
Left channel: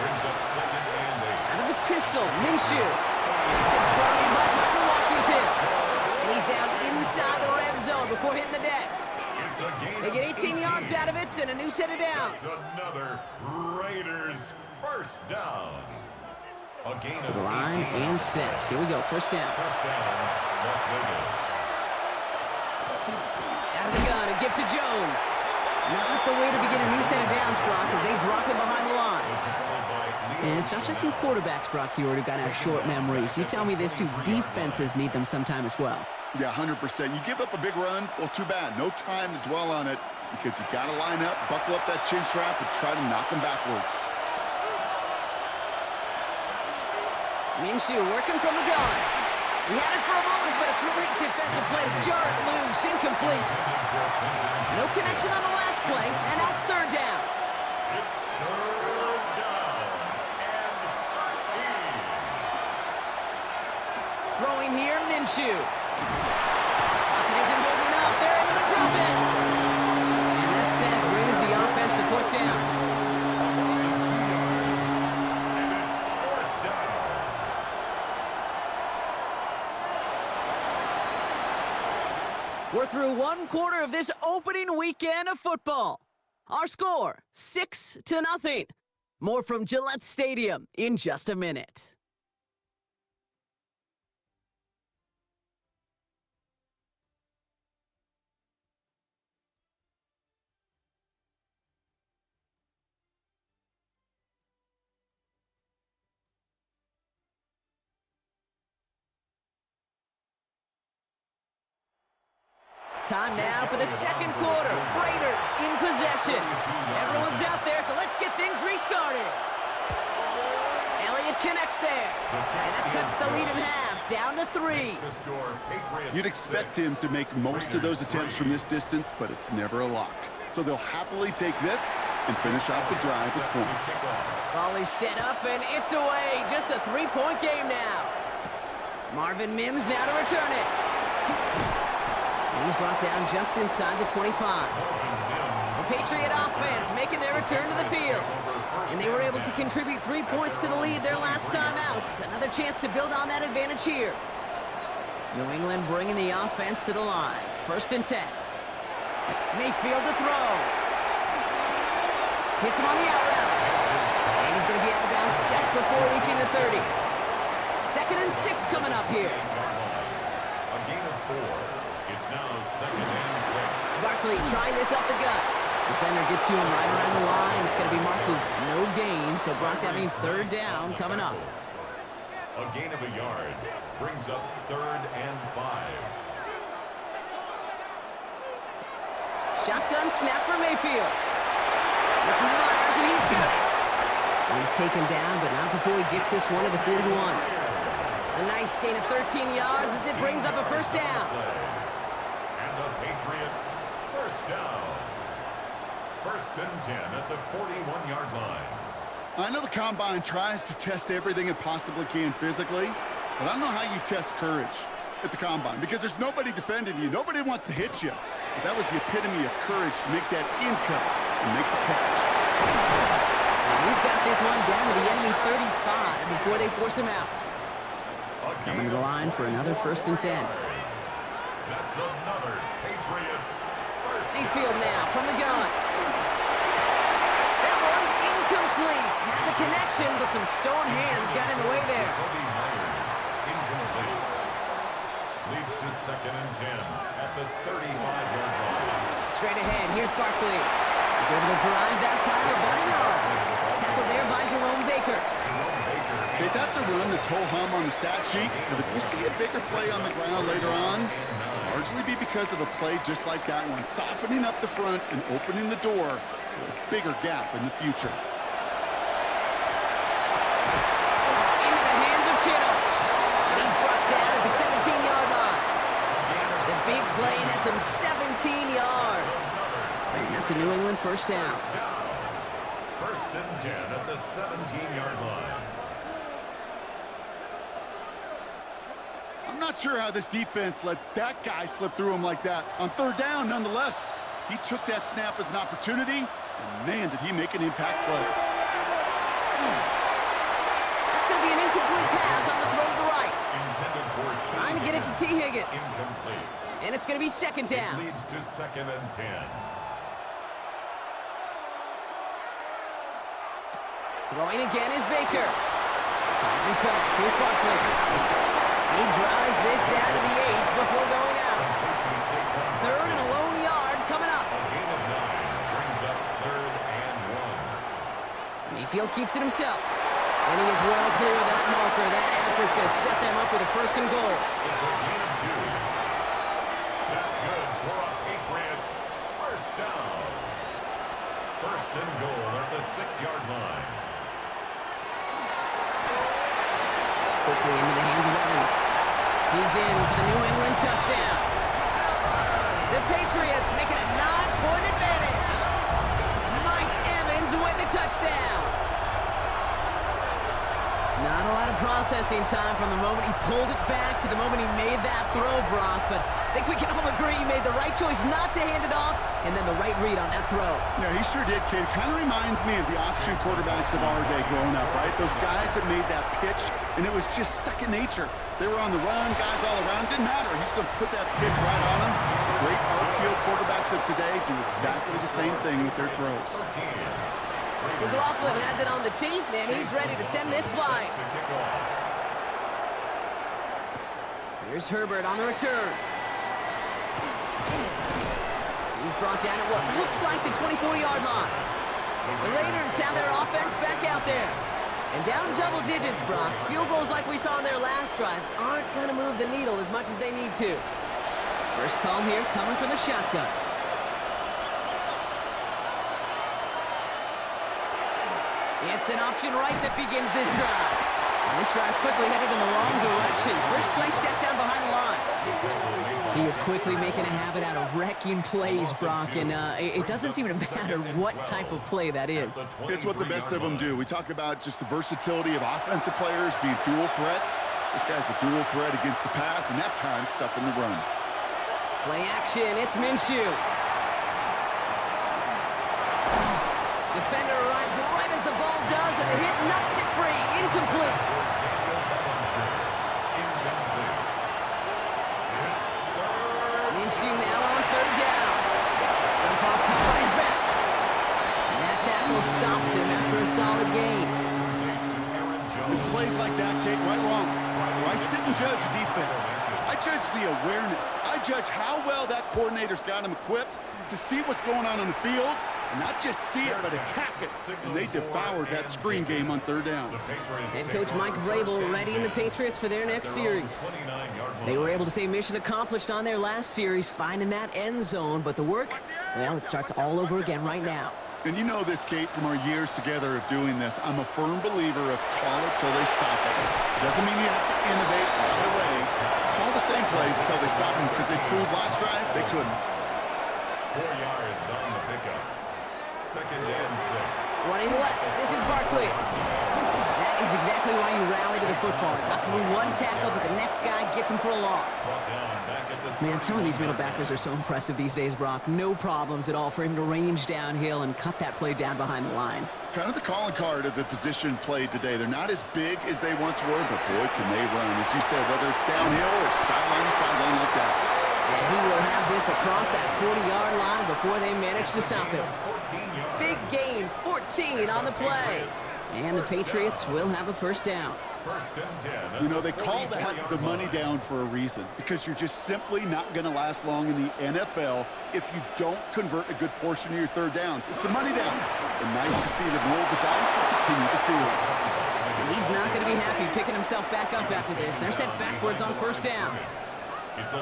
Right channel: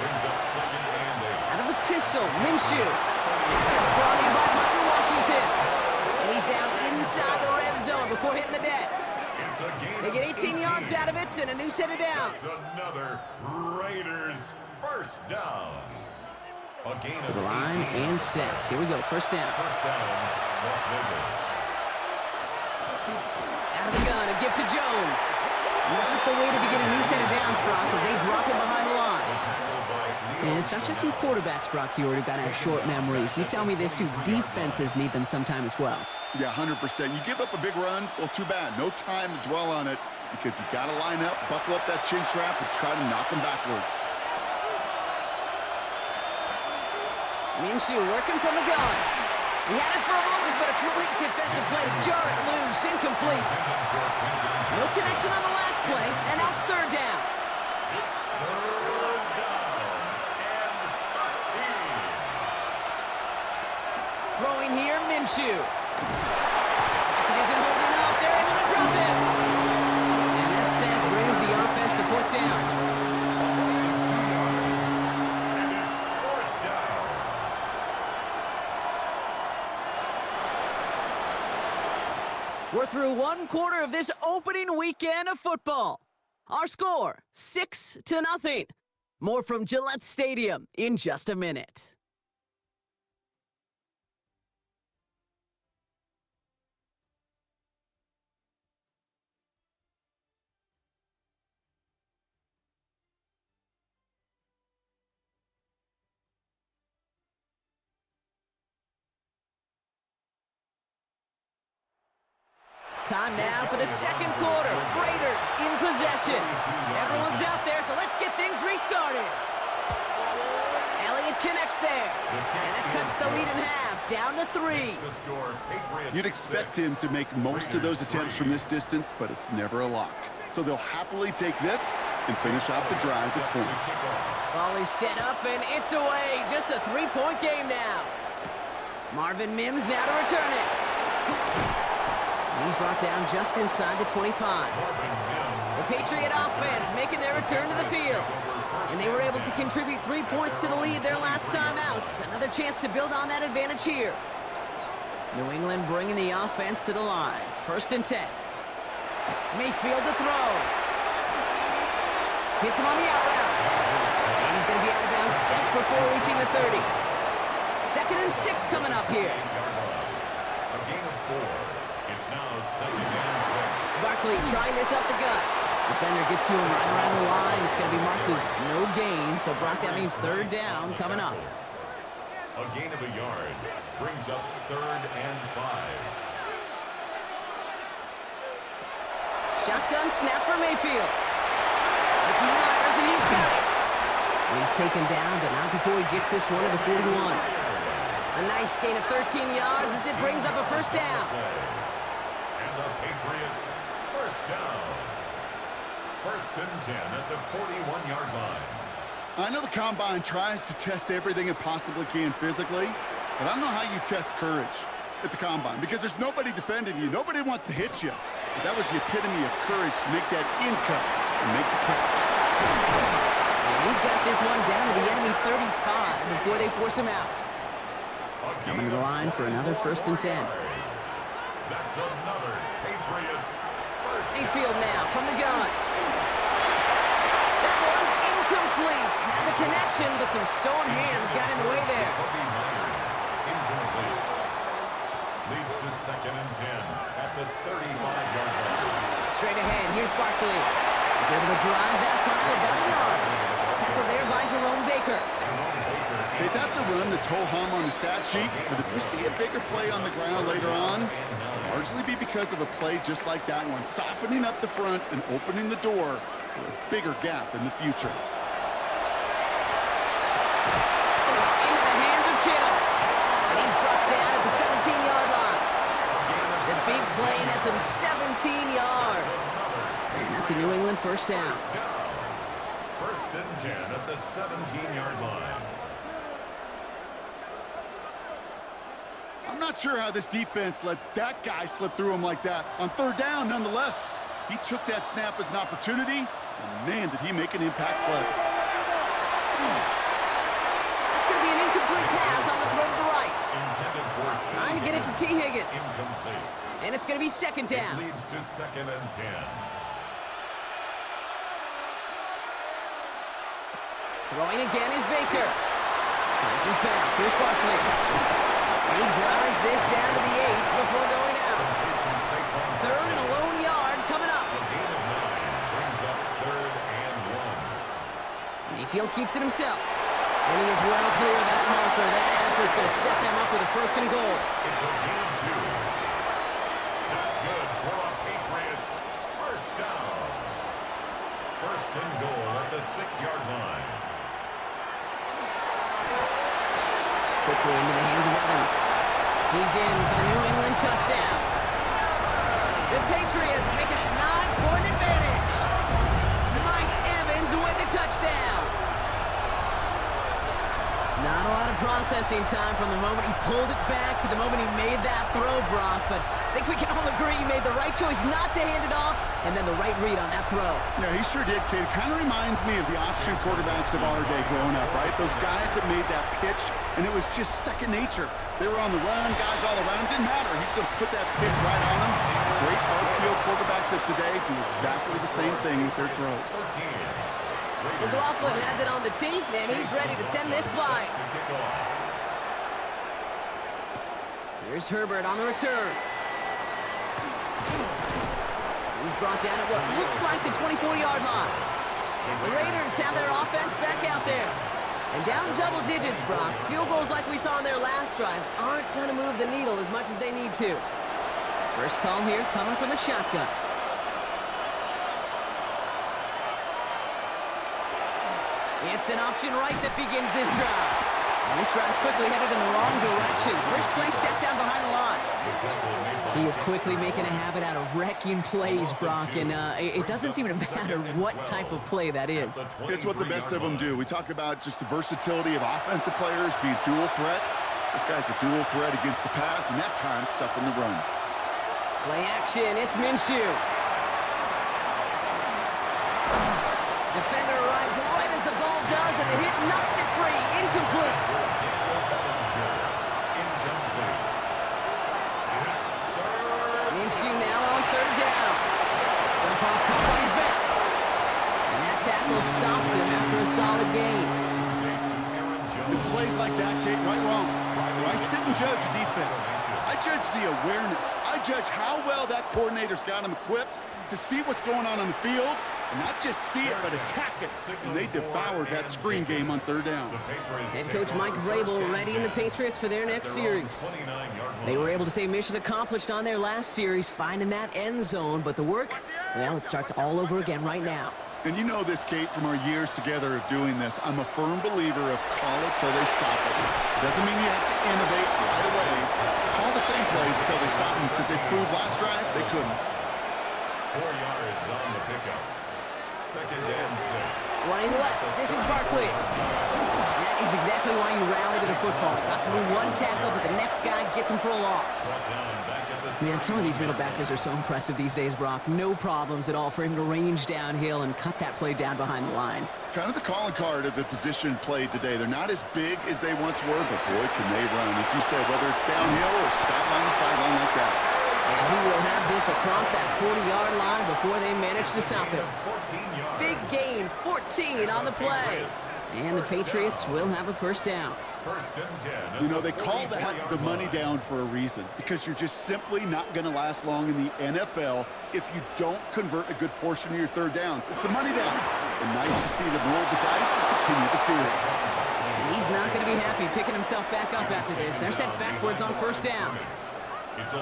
Brings up 2nd and 8. Out of the pistol, Minshew. Just brought in by Michael Washington. And he's down inside the red zone before hitting the deck. They get 18 yards out of it and a new set of downs. It's another Raiders first down. A gain to the line and set. Here we go. First down. First down, Las Vegas. Out of the gun, a gift to Jones. Not the way to begin a new set of downs, Brock, as they drop him behind the line. And it's not just you quarterbacks, Brock, here who got to have short memories. You tell me this too, defenses need them sometime as well. Yeah, 100%. You give up a big run, well, too bad. No time to dwell on it because you got to line up, buckle up that chin strap, and try to knock them backwards. Minshew working from the gun. He had it for a moment, but a great defensive play to jar it loose. Incomplete. No connection on the last play, and now it's third down. It's third down and 13. Throwing here, Minshew. Pocket isn't holding up. They're able to drop it. And that sack brings the offense to fourth down. We're through one quarter of this opening weekend of football. Our score, 6-0. More from Gillette Stadium in just a minute. Time now for the second quarter. Raiders in possession. Everyone's out there, so let's get things restarted. Elliott connects there. And that cuts the lead in half, down to 3. You'd expect him to make most of those attempts from this distance, but it's never a lock. So they'll happily take this and finish off the drive with points. Ball is set up, and it's away. Just a 3-point game now. Marvin Mims now to return it. And he's brought down just inside the 25. The Patriot offense making their return to the field. And they were able to contribute 3 points to the lead their last time out. Another chance to build on that advantage here. New England bringing the offense to the line. 1st and 10. Mayfield to throw. Hits him on the out route. And he's going to be out of bounds just before reaching the 30. 2nd and 6 coming up here. A gain of 4. It's now 2nd and 6. Barkley trying this up the gut. Defender gets to him right around the line. It's going to be marked as no gain. So, Brock, that means third down coming up. A gain of a yard brings up 3rd and 5. Shotgun snap for Mayfield. Ricky Myers, and he's got it. And he's taken down, but not before he gets this one to the 41. A nice gain of 13 yards as it brings up a 1st down. And the Patriots, 1st down. 1st and 10 at the 41-yard line. I know the Combine tries to test everything it possibly can physically, but I don't know how you test courage at the Combine because there's nobody defending you. Nobody wants to hit you. But that was the epitome of courage to make that in cut and make the catch. And he's got this one down to the enemy 35 before they force him out. Coming to the line for another 1st and 10. That's another Patriots. Mayfield now from the gun. That one's incomplete. Had the connection, but some stone hands got in the way there. Incomplete. Leads to 2nd and 10 at the 35-yard line. Straight ahead, here's Barkley. He's able to drive that pile about a yard. Tackled there by Jerome Baker. Okay, that's a run that's ho-hum on the stat sheet, but if you see a bigger play on the ground later on, it'll largely be because of a play just like that one, softening up the front and opening the door for a bigger gap in the future. Into the hands of Kittle. And he's brought down at the 17-yard line. The big play nets him 17 yards. And that's a New England 1st down. 1st and 10 at the 17-yard line. I'm not sure how this defense let that guy slip through him like that. On 3rd down, nonetheless, he took that snap as an opportunity, and man, did he make an impact play. That's going to be an incomplete pass on the throw to the right. Intended for Trying to get it to T. Higgins. Incomplete. And it's going to be 2nd down. It leads to 2nd and 10. Throwing again is Baker. Finds his back. Here's Barkley. He drives this down to the 8 before going out. 3rd and a lone yard coming up. A gain of 9 brings up 3rd and 1. Mayfield keeps it himself. And he is well clear of that marker. That effort's going to set them up with a 1st and goal. It's a gain of 2. That's good for a Patriots 1st down. 1st and goal at the 6-yard line. Quickly into the hands of Evans. He's in for the New England touchdown. The Patriots make it a 9-point advantage. Mike Evans with the touchdown. Not a lot of processing time from the moment he pulled it back to the moment he made that throw, Brock. But I think we can all agree he made the right choice not to hand it off, and then the right read on that throw. Yeah, he sure did, kid. Kind of reminds me of the option quarterbacks of our day growing up, right? Those guys that made that pitch, and it was just second nature. They were on the run, guys all around. Didn't matter. He's going to put that pitch right on them. Great RPO quarterbacks of today do exactly the same thing with their throws. McLaughlin has it on the tee, and he's ready to send this flying. Here's Herbert on the return. He's brought down at what looks like the 24-yard line. The Raiders have their offense back out there. And down double digits, Brock. Field goals like we saw in their last drive aren't going to move the needle as much as they need to. First call here coming from the shotgun. It's an option right that begins this drive. And this drive's quickly headed in the wrong direction. First play set down behind the line. He is quickly making a habit out of wrecking plays, Brock, and it doesn't seem to matter what type of play that is. It's what the best of them do. We talk about just the versatility of offensive players being dual threats. This guy's a dual threat against the pass, and that time stuffing the run. Play action, it's Minshew. Defender arrives right as the ball does, and the hit knocks it free. Incomplete. Minshew now on third down. Jump off caught by his back. And that tackle stops him after a solid gain. It's plays like that, Kate, right wrong. I sit and judge a defense. I judge the awareness. I judge how well that coordinator's got him equipped to see what's going on the field, and not just see it, but attack it. And they devoured that screen game on third down. Head coach Mike Vrabel readying the Patriots for their next series. They were able to say mission accomplished on their last series, finding that end zone, but the work, well, it starts all over again right now. And you know this, Kate, from our years together of doing this. I'm a firm believer of call it till they stop it. It doesn't mean you have to innovate right away. Call the same plays until they stop them, because they proved last drive they couldn't. 4 yards on the pickup. Second and 6. Running left, this is Barkley. That is exactly why you rally to the football. He got through one tackle, but the next guy gets him for a loss. Man, some of these middle backers are so impressive these days, Brock. No problems at all for him to range downhill and cut that play down behind the line. Kind of the calling card of the position played today. They're not as big as they once were, but boy, can they run. As you said, whether it's downhill or sideline to sideline like that. And he will have this across that 40-yard line before they manage to stop him. Big gain, 14 on the play. And the Patriots will have a first down. You know, they call that the money down for a reason, because you're just simply not going to last long in the NFL if you don't convert a good portion of your third downs. It's a money down. And nice to see them roll the dice and continue the series. And he's not going to be happy picking himself back up after this. They're sent backwards on first down.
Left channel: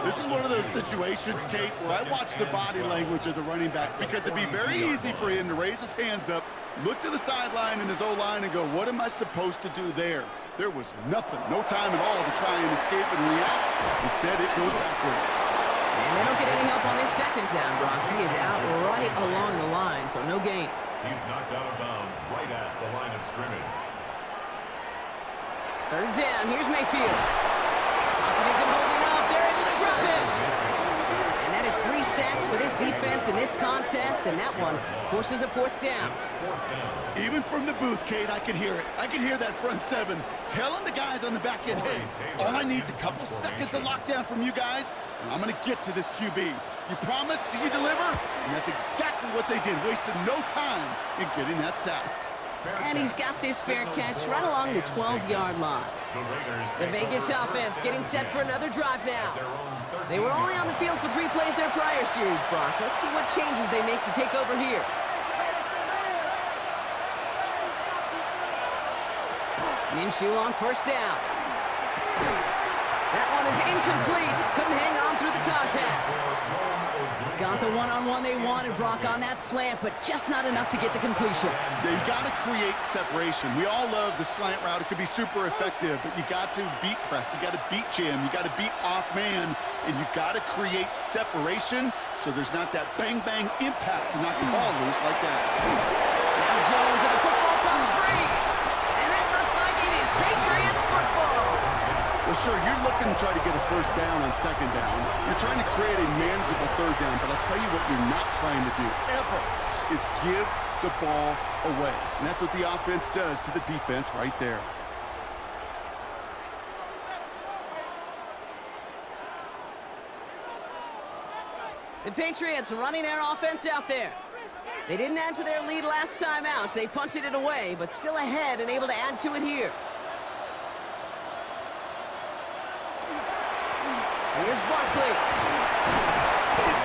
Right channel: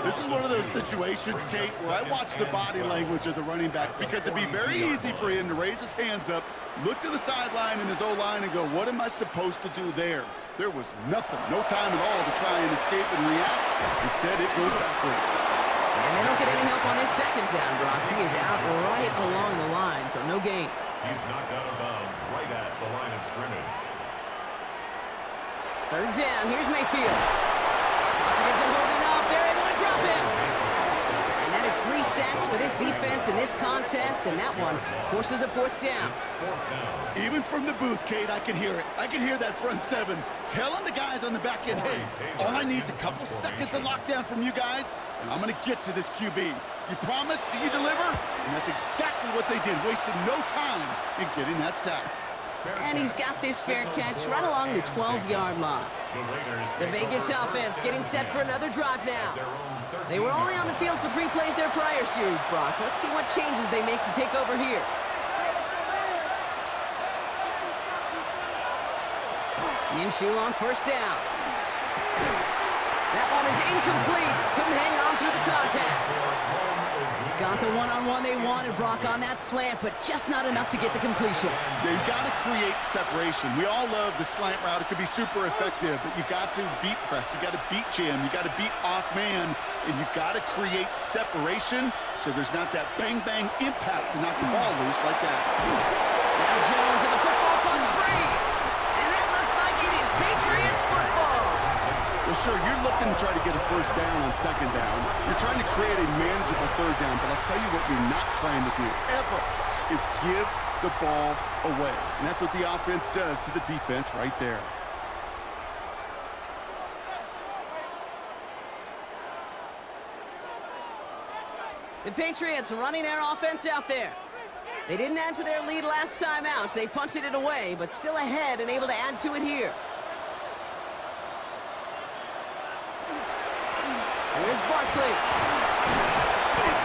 This is one of those situations, Kate, where I watch the body language of the running back, because it'd be very easy for him to raise his hands up, look to the sideline in his O-line and go, what am I supposed to do there? There was nothing, no time at all to try and escape and react. Instead, it goes backwards. And they don't get any help on this second down, Brock. He is out right along the line, so no gain. He's knocked out of bounds right at the line of scrimmage. Third down, here's Mayfield. Hopkins isn't holding up, they're able to drop him. And that is 3 sacks for this defense in this contest, and that one forces a fourth down. Even from the booth, Kate, I can hear it. I can hear that front seven telling the guys on the back end, hey, all I need is a couple seconds of lockdown from you guys, and I'm going to get to this QB. You promise, you deliver? And that's exactly what they did, wasted no time in getting that sack. And he's got this fair catch right along the 12-yard line. The Vegas offense getting set for another drive now. They were only on the field for 3 plays their prior series, Brock. Let's see what changes they make to take over here. Minshew on first down. That one is incomplete. Couldn't hang on through the contact. Got the one-on-one they wanted, Brock, on that slant, but just not enough to get the completion. Yeah, you got to create separation. We all love the slant route. It could be super effective, but you got to beat press. You got to beat jam. You got to beat off man, and you got to create separation so there's not that bang-bang impact to knock the ball loose like that. Now Jones and the football comes free, and it looks like it is Patriots football. Well, sure, you're looking to try to get a first down on second down. You're trying to create a manageable third down, but I'll tell you what you're not trying to do, ever, is give the ball away. And that's what the offense does to the defense right there. The Patriots running their offense out there. They didn't add to their lead last time out. They punted it away, but still ahead and able to add to it here. Here's Barkley.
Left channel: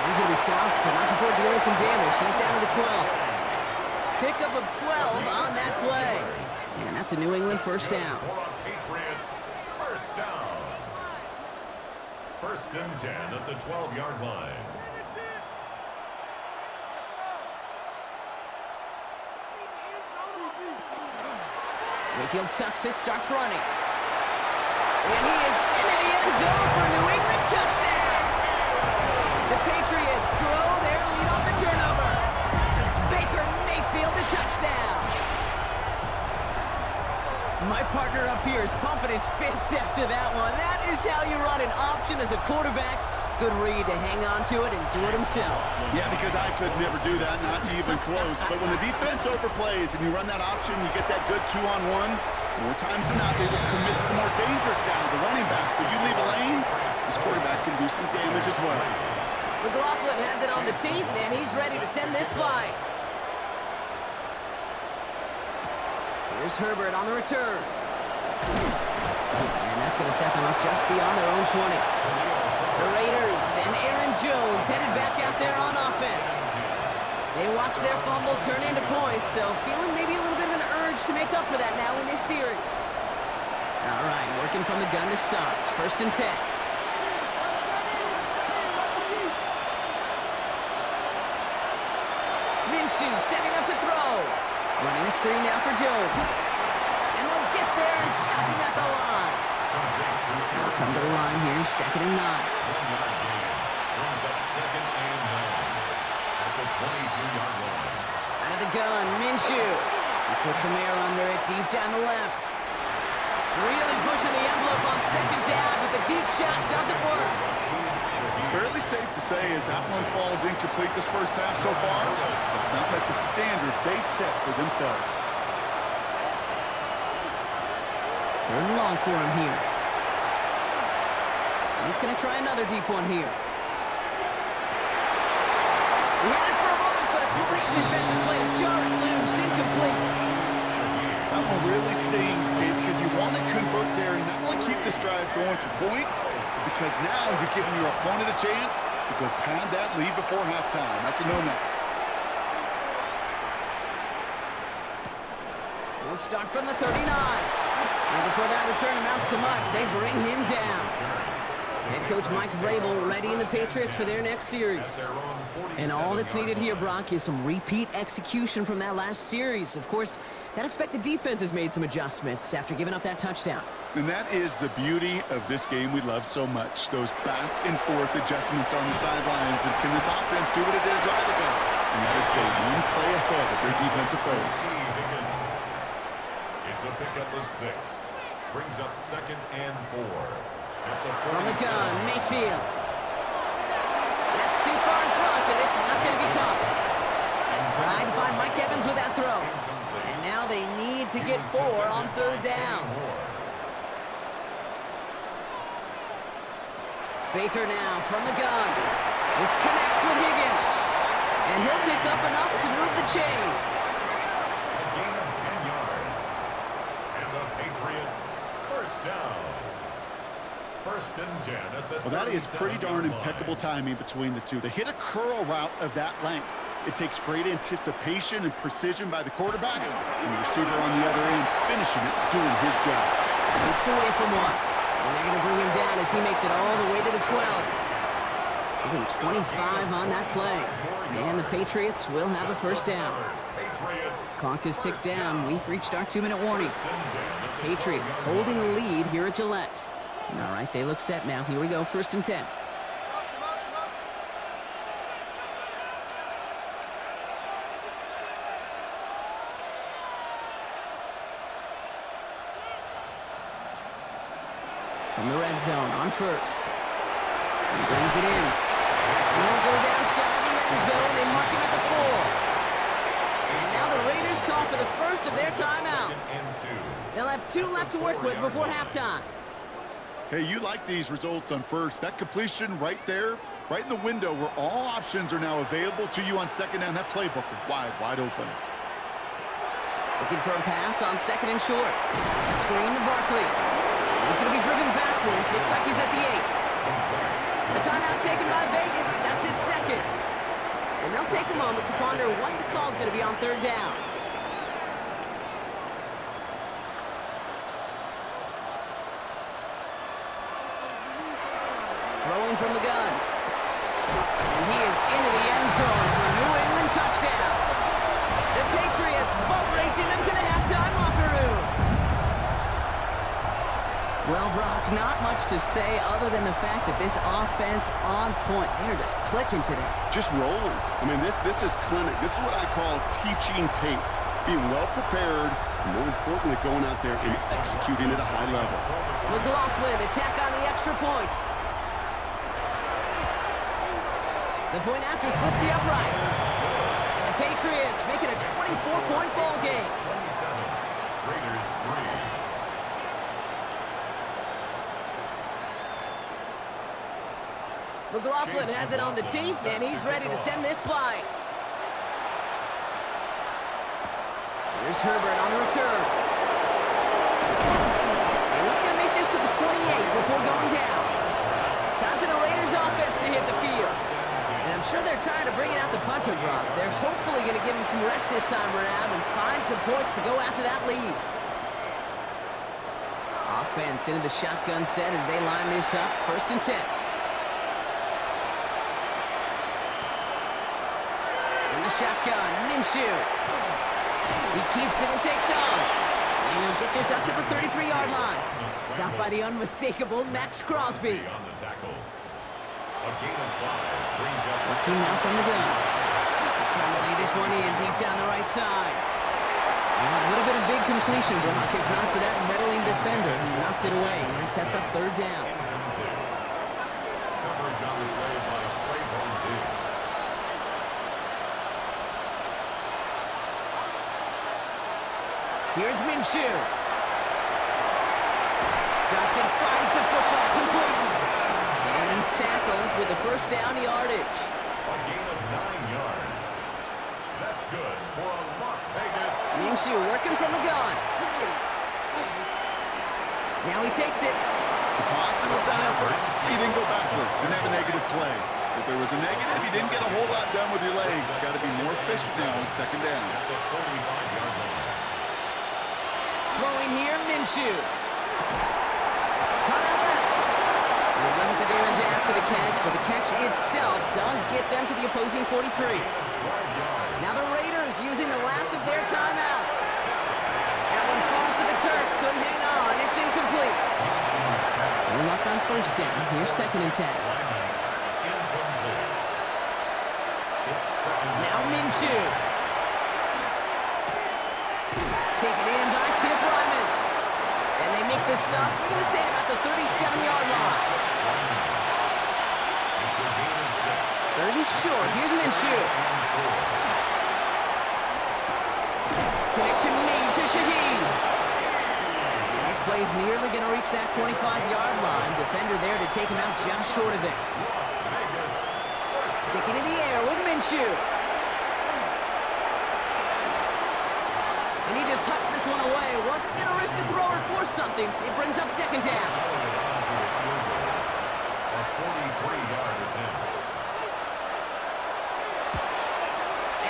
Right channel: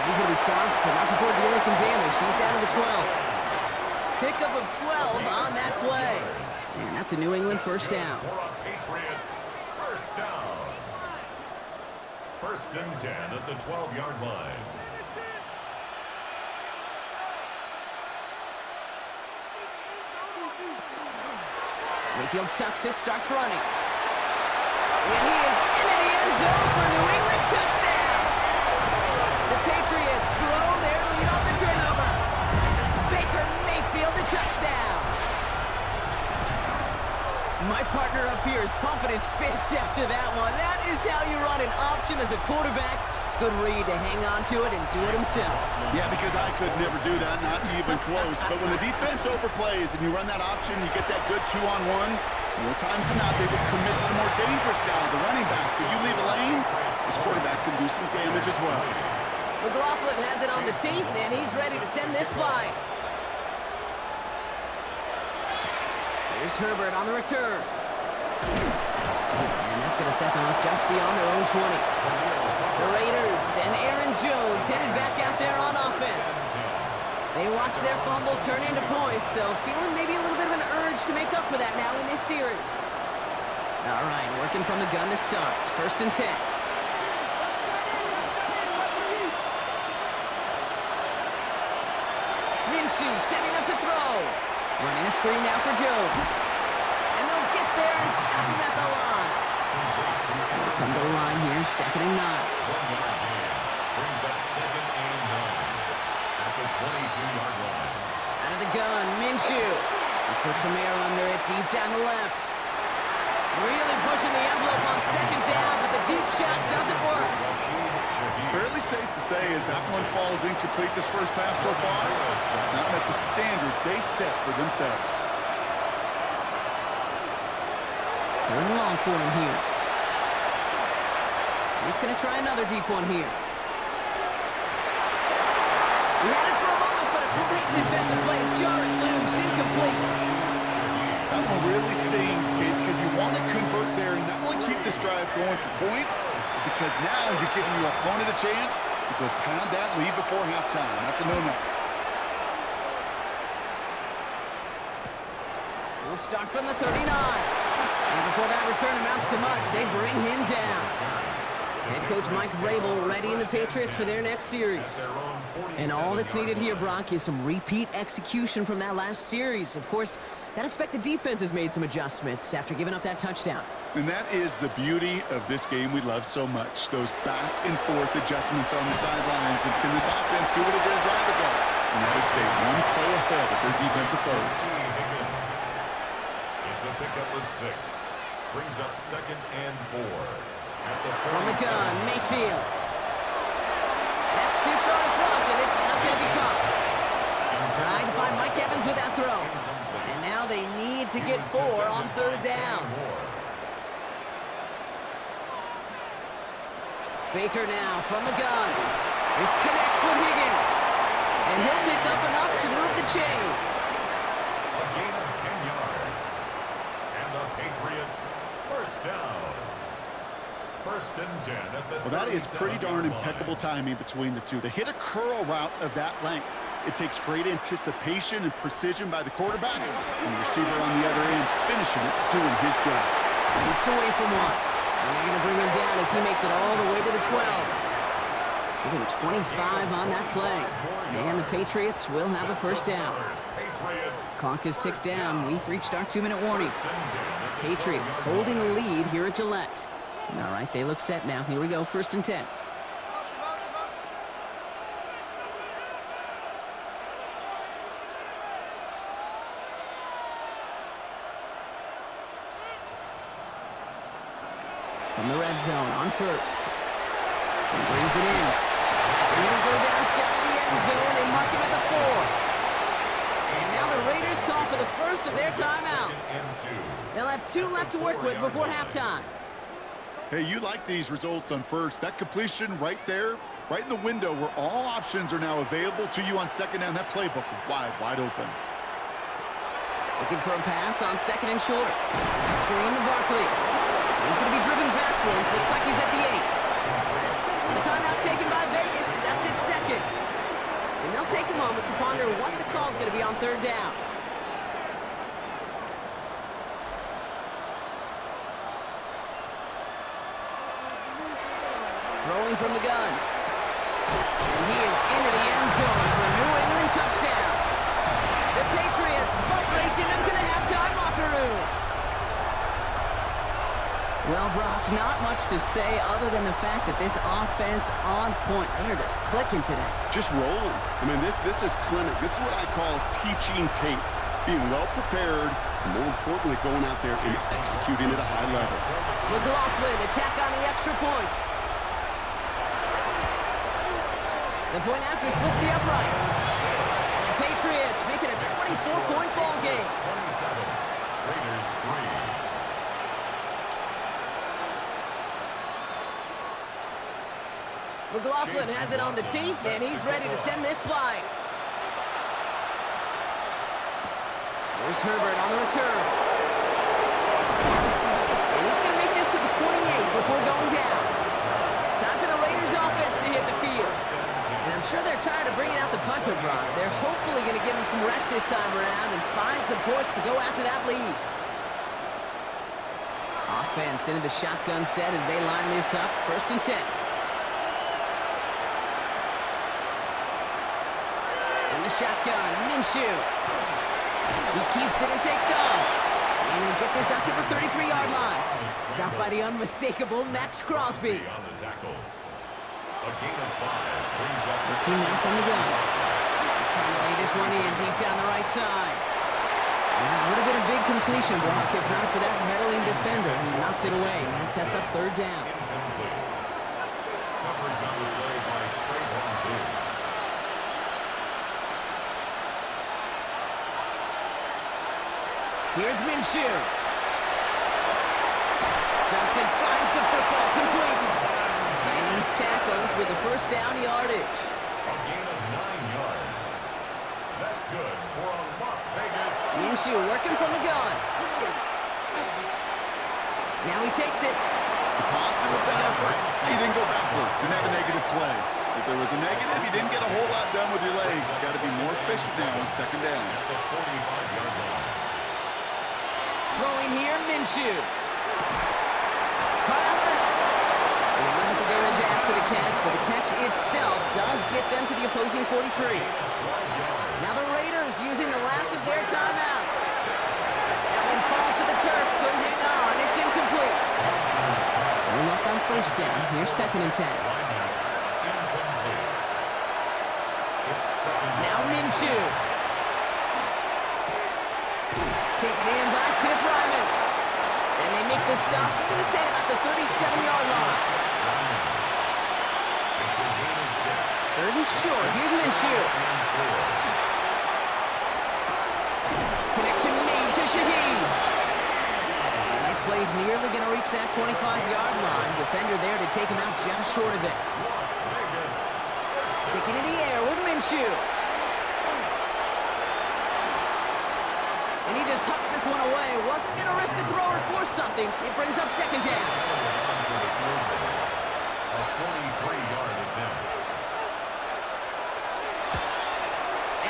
He's going to be stopped, but not before dealing some damage. He's down to the 12. Pickup of 12 on that play. And that's a New England first down. Patriots, first down. First and 10 at the 12-yard line. Mayfield tucks it, starts running. And he is into the end zone for a New England touchdown. The Patriots grow their lead off the turnover. Baker Mayfield, the touchdown. My partner up here is pumping his fist after that one. That is how you run an option as a quarterback. Good read to hang on to it and do it himself. Yeah, because I could never do that, not even close. But when the defense overplays and you run that option, you get that good two-on-one. More times than not, they will commit to the more dangerous guy, the running back. But you leave a lane, this quarterback can do some damage as well. McLaughlin has it on the tee, and he's ready to send this flying. Here's Herbert on the return. And that's going to set them up just beyond their own 20. The Raiders and Aaron Jones headed back out there on offense. They watch their fumble turn into points, so feeling maybe a little bit of an urge to make up for that now in this series. All right, working from the gun to start. First and 10. Minshew setting up to throw. Running a screen now for Jones. And they'll get there and stop him at the line. They'll come to the line here, second and 9. 1 yard gain. Brings up second and 9. At the 22-yard line. Out of the gun, Minshew. He puts some air under it, deep down the left. Really pushing the envelope on second down, but the deep shot doesn't work. Fairly safe to say as that one falls incomplete this first half so far. It's not met the standard they set for themselves. Third and long for him here. He's going to try another deep one here. He had it for a moment, but a great defensive play to jar it loose, incomplete. That one really stings, Kate, because you want to convert there and not only keep this drive going for points, because now you're giving your opponent a chance to go pad that lead before halftime. That's a no-no. We'll start from the 39. And before that return amounts to much, they bring him down. Head coach Mike Vrabel readying the Patriots for their next series. And all that's needed here, Brock, is some repeat execution from that last series. Of course, gotta expect the defense has made some adjustments after giving up that touchdown. And that is the beauty of this game we love so much, those back and forth adjustments on the sidelines. And can this offense do what it did a drive ago? And that is stay one play ahead of their defensive foes. It's a pickup of 6. Brings up second and 4. From the gun, Mayfield. That's too far in front, and it's not going to be caught. Trying to find Mike Evans with that throw. And now they need to get 4 on third down. Baker now from the gun. This connects with Higgins. And he'll pick up enough to move the chains. A gain of 10 yards. And the Patriots first down. First and 10 at the Well, that is pretty darn impeccable timing between the two. To hit a curl route of that length, it takes great anticipation and precision by the quarterback, and the receiver on the other end finishing it, doing his job. Takes away from one. And they're going to bring him down as he makes it all the way to the 12. Give him 25 on that play. And the Patriots will have a first down. Clock is ticked down. We've reached our 2-minute warning. Patriots holding the lead here at Gillette. All right, they look set now. Here we go, 1st and 10. From the red zone on 1st. He brings it in. And he'll go down shy of the end zone. They mark him at the 4. And now the Raiders call for the first of their timeouts. They'll have 2 left to work with before halftime. Hey, you like these results on 1st. That completion right there, right in the window where all options are now available to you on 2nd down. That playbook wide open. Looking for a pass on 2nd and short. It's a screen to Barkley. He's going to be driven backwards. Looks like he's at the 8. The timeout taken by Vegas. That's it, 2nd. And they'll take a moment to ponder what the call is going to be on 3rd down. Throwing from the gun. And he is into the end zone for a New England touchdown. The Patriots boat racing them to the halftime locker room. Well, Brock, not much to say other than the fact that this offense on point. They're just clicking today. Just rolling. I mean, this is clinic. This is what I call teaching tape. Being well prepared, and more importantly, going out there and executing at a high level. McLaughlin, attack on the extra point. The point after splits the uprights. And the Patriots make it a 24-point ball game. 27, Raiders 3. McLaughlin has it on the tee, and he's ready to send this flying. Here's Herbert on the return. And he's going to make this to the 28 before going down. Time for the Raiders offense to hit the field. And I'm sure they're tired of bringing out the punter, Brock. They're hopefully going to give him some rest this time around and find some points to go after that lead. Offense into the shotgun set as they line this up. 1st and 10. In the shotgun, Minshew. He keeps it and takes off. And he'll get this up to the 33-yard line. Stopped by the unmistakable Max Crosby. On the tackle. A gain of 5 brings up the Looking now from the gun. Trying to lay this one in deep down the right side. Yeah, a little bit of big completion, Brock, if not for that meddling defender who knocked it away. And it sets up 3rd down. incomplete. Coverage on the play by Trayvon Diggs. Here's Minshew. Johnson finds the football, complete. And he's tackled with the first down yardage. A gain of 9 yards. That's good for a Las Vegas. Minshew working from the gun. Now he takes it. The positive of that effort, he didn't go backwards. Didn't have a negative play. If there was a negative, you didn't get a whole lot done with your legs. Got to be more efficient now on 2nd down. At the 45-yard line. Throwing here, Minshew. Caught out left. And they limit the damage after the catch, but the catch itself does get them to the opposing 43. Now the Raiders using the last of their timeouts. That one falls to the turf, couldn't hang on. It's incomplete. They're up on 1st down. Here's 2nd and 10. Now Minshew. Taken in by Tip Ryman. And they make the stop. I'm going to say about the 37-yard line. It's a gain of 6. 3rd and short. Here's Minshew. Connection made to Shaheed. And this play's nearly going to reach that 25-yard line. Defender there to take him out just short of it. Las Vegas. Sticking in the air with Minshew. And he just hucks this one away. Wasn't going to risk a throw or force something. It brings up 2nd down. A 43-yard attempt.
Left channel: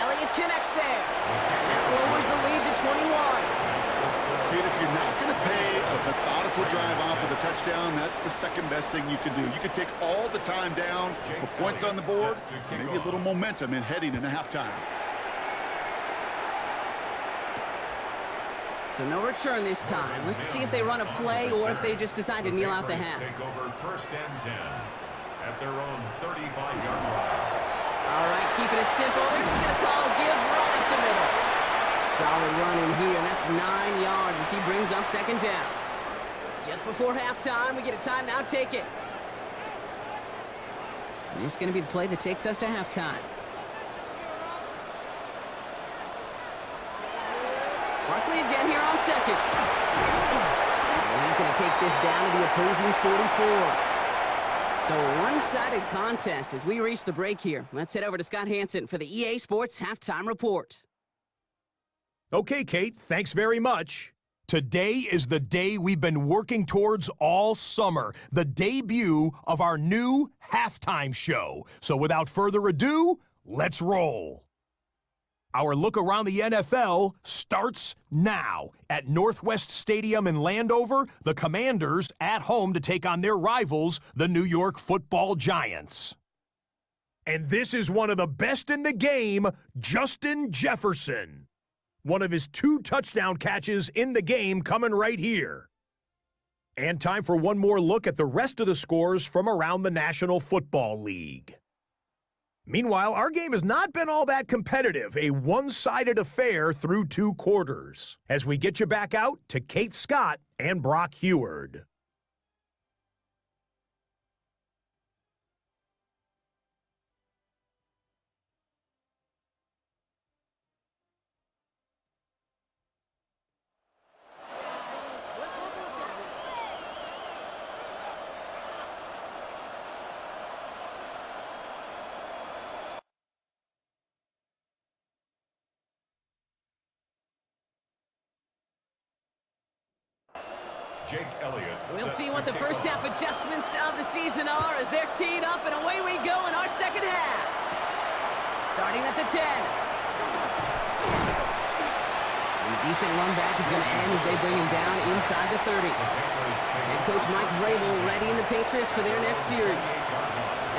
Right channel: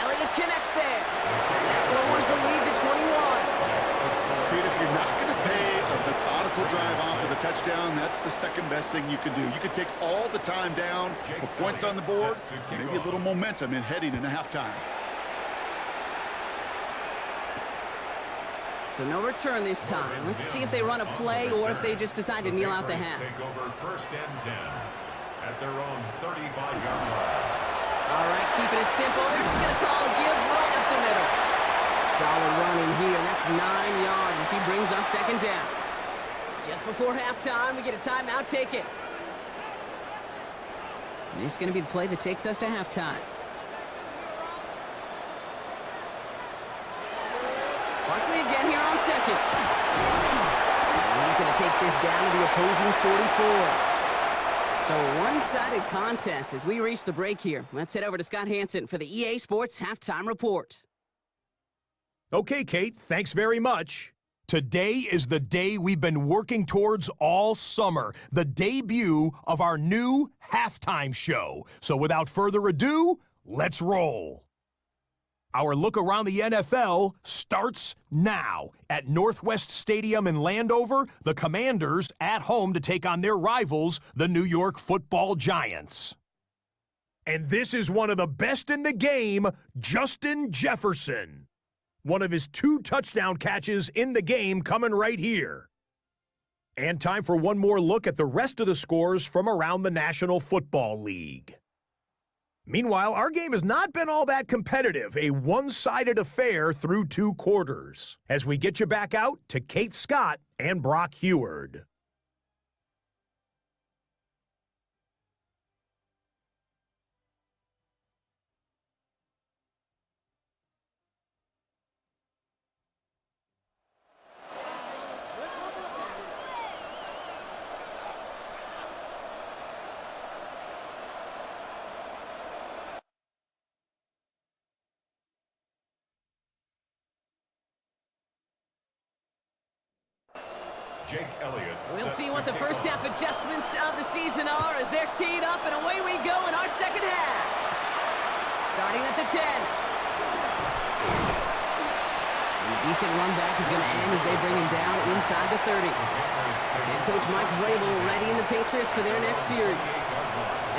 Elliott connects there. And that lowers the lead to 21. Kate, if you're not going to pay a methodical drive off with a touchdown, that's the second best thing you can do. You can take all the time down, put points on the board, maybe a little momentum in heading into halftime. So no return this time. Let's see if they run a play or if they just decide to kneel out the half. Take over 1st and 10 at their own 35-yard line. All right, keeping it simple. They're just going to call a give right up the middle. Solid run in here, and that's 9 yards as he brings up 2nd down. Just before halftime, we get a timeout. Take it. This is going to be the play that takes us to halftime. Barkley again here on 2nd. And he's going to take this down to the opposing 44. So a one-sided contest as we reach the break here. Let's head over to Scott Hansen for the EA Sports Halftime Report. Okay, Kate, thanks very much. Today is the day we've been working towards all summer, the debut of our new halftime show. So without further ado, let's roll. Our look around the NFL starts now. At Northwest Stadium in Landover, the Commanders at home to take on their rivals, the New York Football Giants. And this is one of the best in the game, Justin Jefferson. One of his 2 touchdown catches in the game coming right here. And time for one more look at the rest of the scores from around the National Football League. Meanwhile, our game has not been all that competitive, a one-sided affair through 2 quarters. As we get you back out to Kate Scott and Brock Heward. Jake Elliott. We'll see what the first half adjustments of the season are as they're teed up, and away we go in our second half. Starting at the 10. And a decent run back is going to end as they bring him down inside the 30. Head coach Mike Vrabel readying the Patriots for their next series.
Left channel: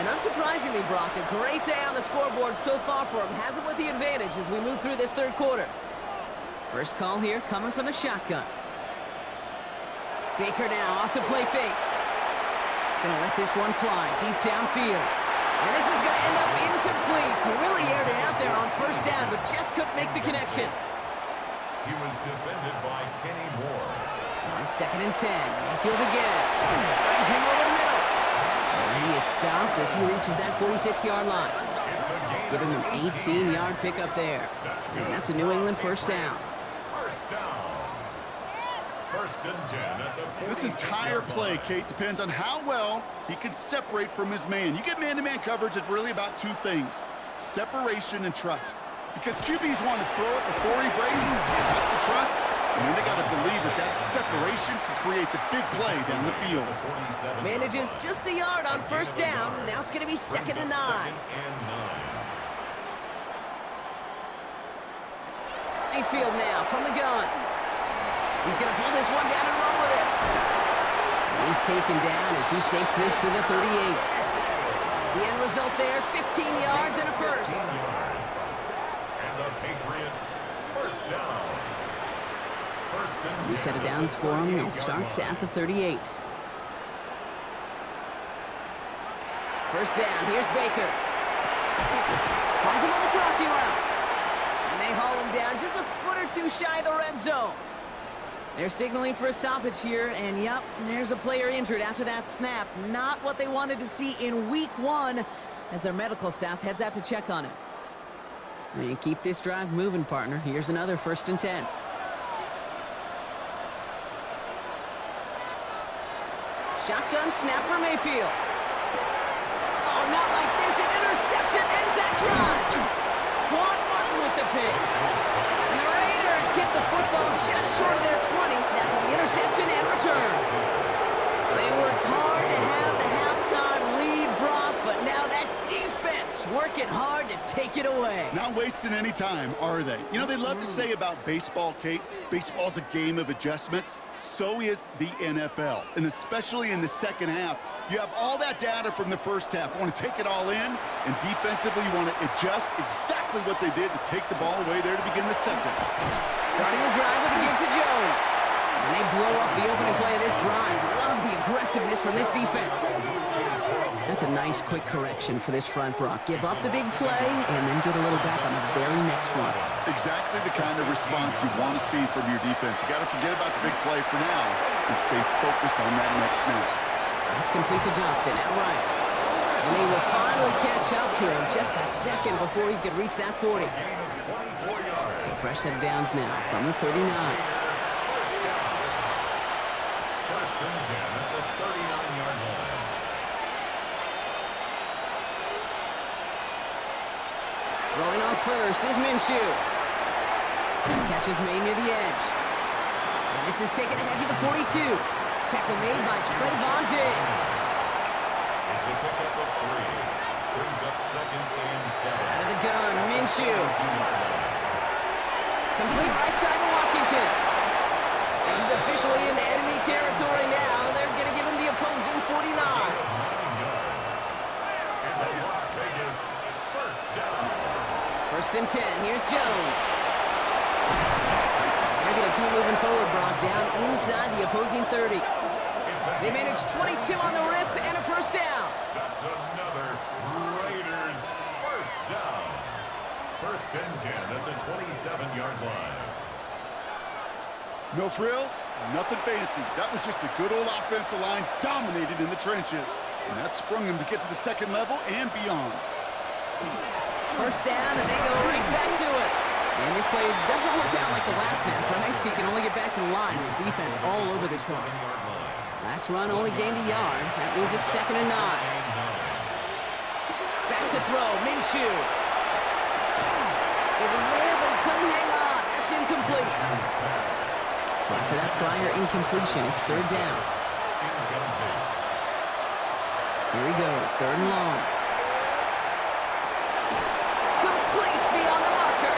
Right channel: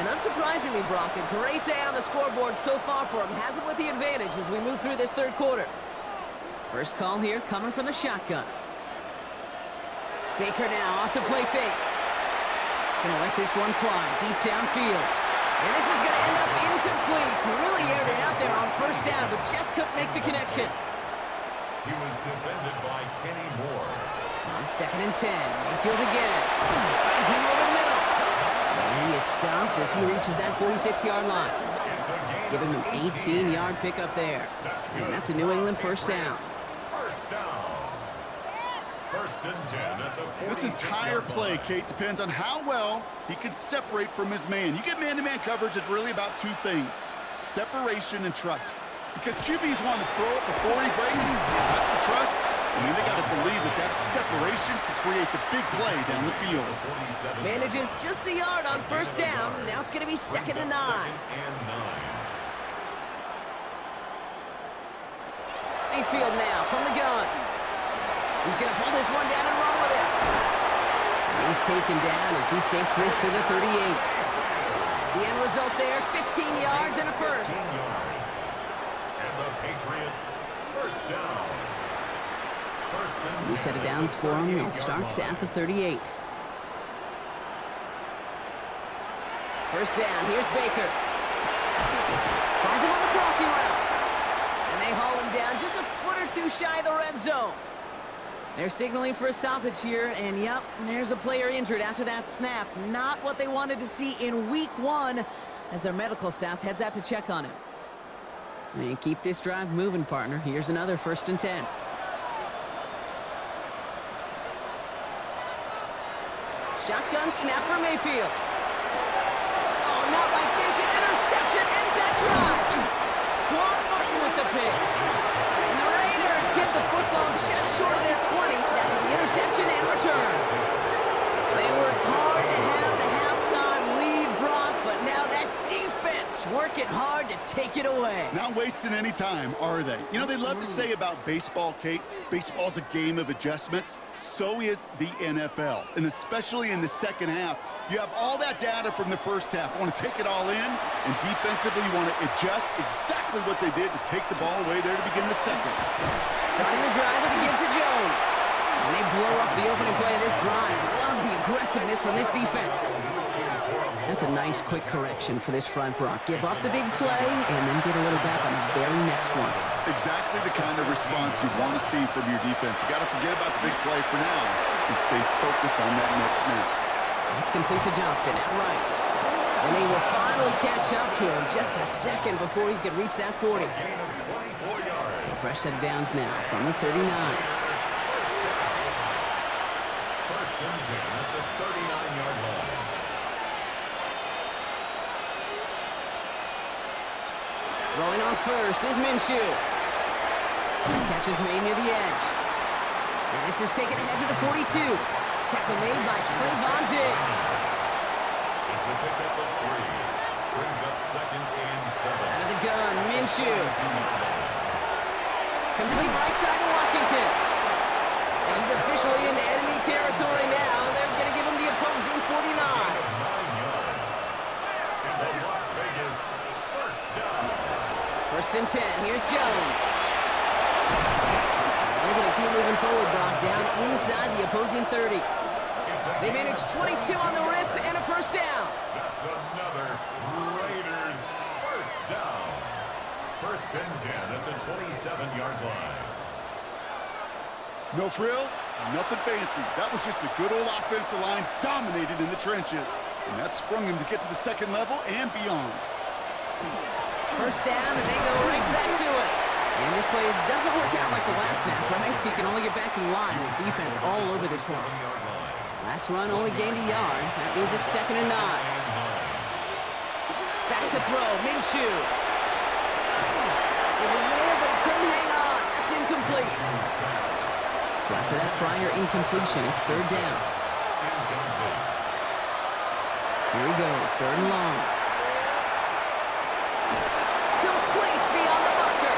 And unsurprisingly, Brock, a great day on the scoreboard so far for him. Has him with the advantage as we move through this 3rd quarter. First call here coming from the shotgun. Baker now off the play fake. Gonna let this one fly deep downfield. And this is gonna end up incomplete. He really aired it out there on 1st down, but just couldn't make the connection. He was defended by Kenny Moore. On 2nd and 10, Mayfield again. Finds him over the middle. And he is stopped as he reaches that 46-yard line. Give him an 18-yard pickup there. And that's a New England 1st down. First down. 1st and 10 at the 46-yard line. This entire play, Kate, depends on how well he can separate from his man. You get man-to-man coverage, it's really about 2 things, separation and trust. Because QBs want to throw it before he breaks, that's the trust. And then they got to believe that that separation can create the big play down the field. Manages just a yard on 1st down. Now it's going to be 2nd and 9. Mayfield now from the gun. He's going to pull this one down and run with it. He's taken down as he takes this to the 38. The end result there, 15 yards and a first. And the Patriots, 1st down. New set of downs for him. He'll start at the 38. 1st down. Here's Baker. Finds him on the crossing route. And they haul him down just a foot or 2 shy of the red zone. They're signaling for a stoppage here, and yep, there's a player injured after that snap. Not what they wanted to see in week 1 as their medical staff heads out to check on him. And keep this drive moving, partner. Here's another 1st and 10. Shotgun snap for Mayfield. Oh, not like this. An interception ends that drive. Quan Martin with the pick. And the Raiders get the football just short of their 20. That's the interception and return. They worked hard to have the halftime lead, Brock, but now that defense working hard to take it away. Not wasting any time, are they? You know, they love to say about baseball, Kate, Baseball's a game of adjustments. So is the NFL. And especially in the second half, you have all that data from the first half. You want to take it all in, and defensively, you want to adjust exactly what they did to take the ball away there to begin the second. Starting the drive with a give to Jones. And they blow up the opening play of this drive. Love the aggressiveness from this defense. That's a nice quick correction for this front, Brock. Give up the big play and then get a little back on the very next one. Exactly the kind of response you want to see from your defense. You got to forget about the big play for now and stay focused on that next snap. That's complete to Johnston, outright. And they will finally catch up to him just a second before he could reach that 40. So fresh set of downs now from the 39. First and 10 at the 39-yard line. Throwing on first is Minshew. Catch is made near the edge. And this is taken ahead to the 42. Tackle made by Trayvon Diggs. It's a pickup of 3. Brings up second and 7. Out of the gun, Minshew. Complete right side to Washington. And he's officially in enemy territory now. They're going to give him the opposing 49. 9 yards. And the Las Vegas first down. First and 10. Here's Jones. They're going to keep moving forward, Brock, down inside the opposing 30. They managed 22 on the rip and a first down. That's another Raiders first down. First and 10 at the 27-yard line. No frills, nothing fancy. That was just a good old offensive line dominated in the trenches. And that sprung them to get to the second level and beyond. First down, and they go right back to it. And this play doesn't work out like the last snap, right? So you can only get back to the line with defense all over this one. Last run only gained a yard. That means it's second and 9. Back to throw, Minshew. It was there, but he couldn't hang on. That's incomplete. So after that prior incompletion, it's third down. Here he goes, third and long. Complete beyond the marker.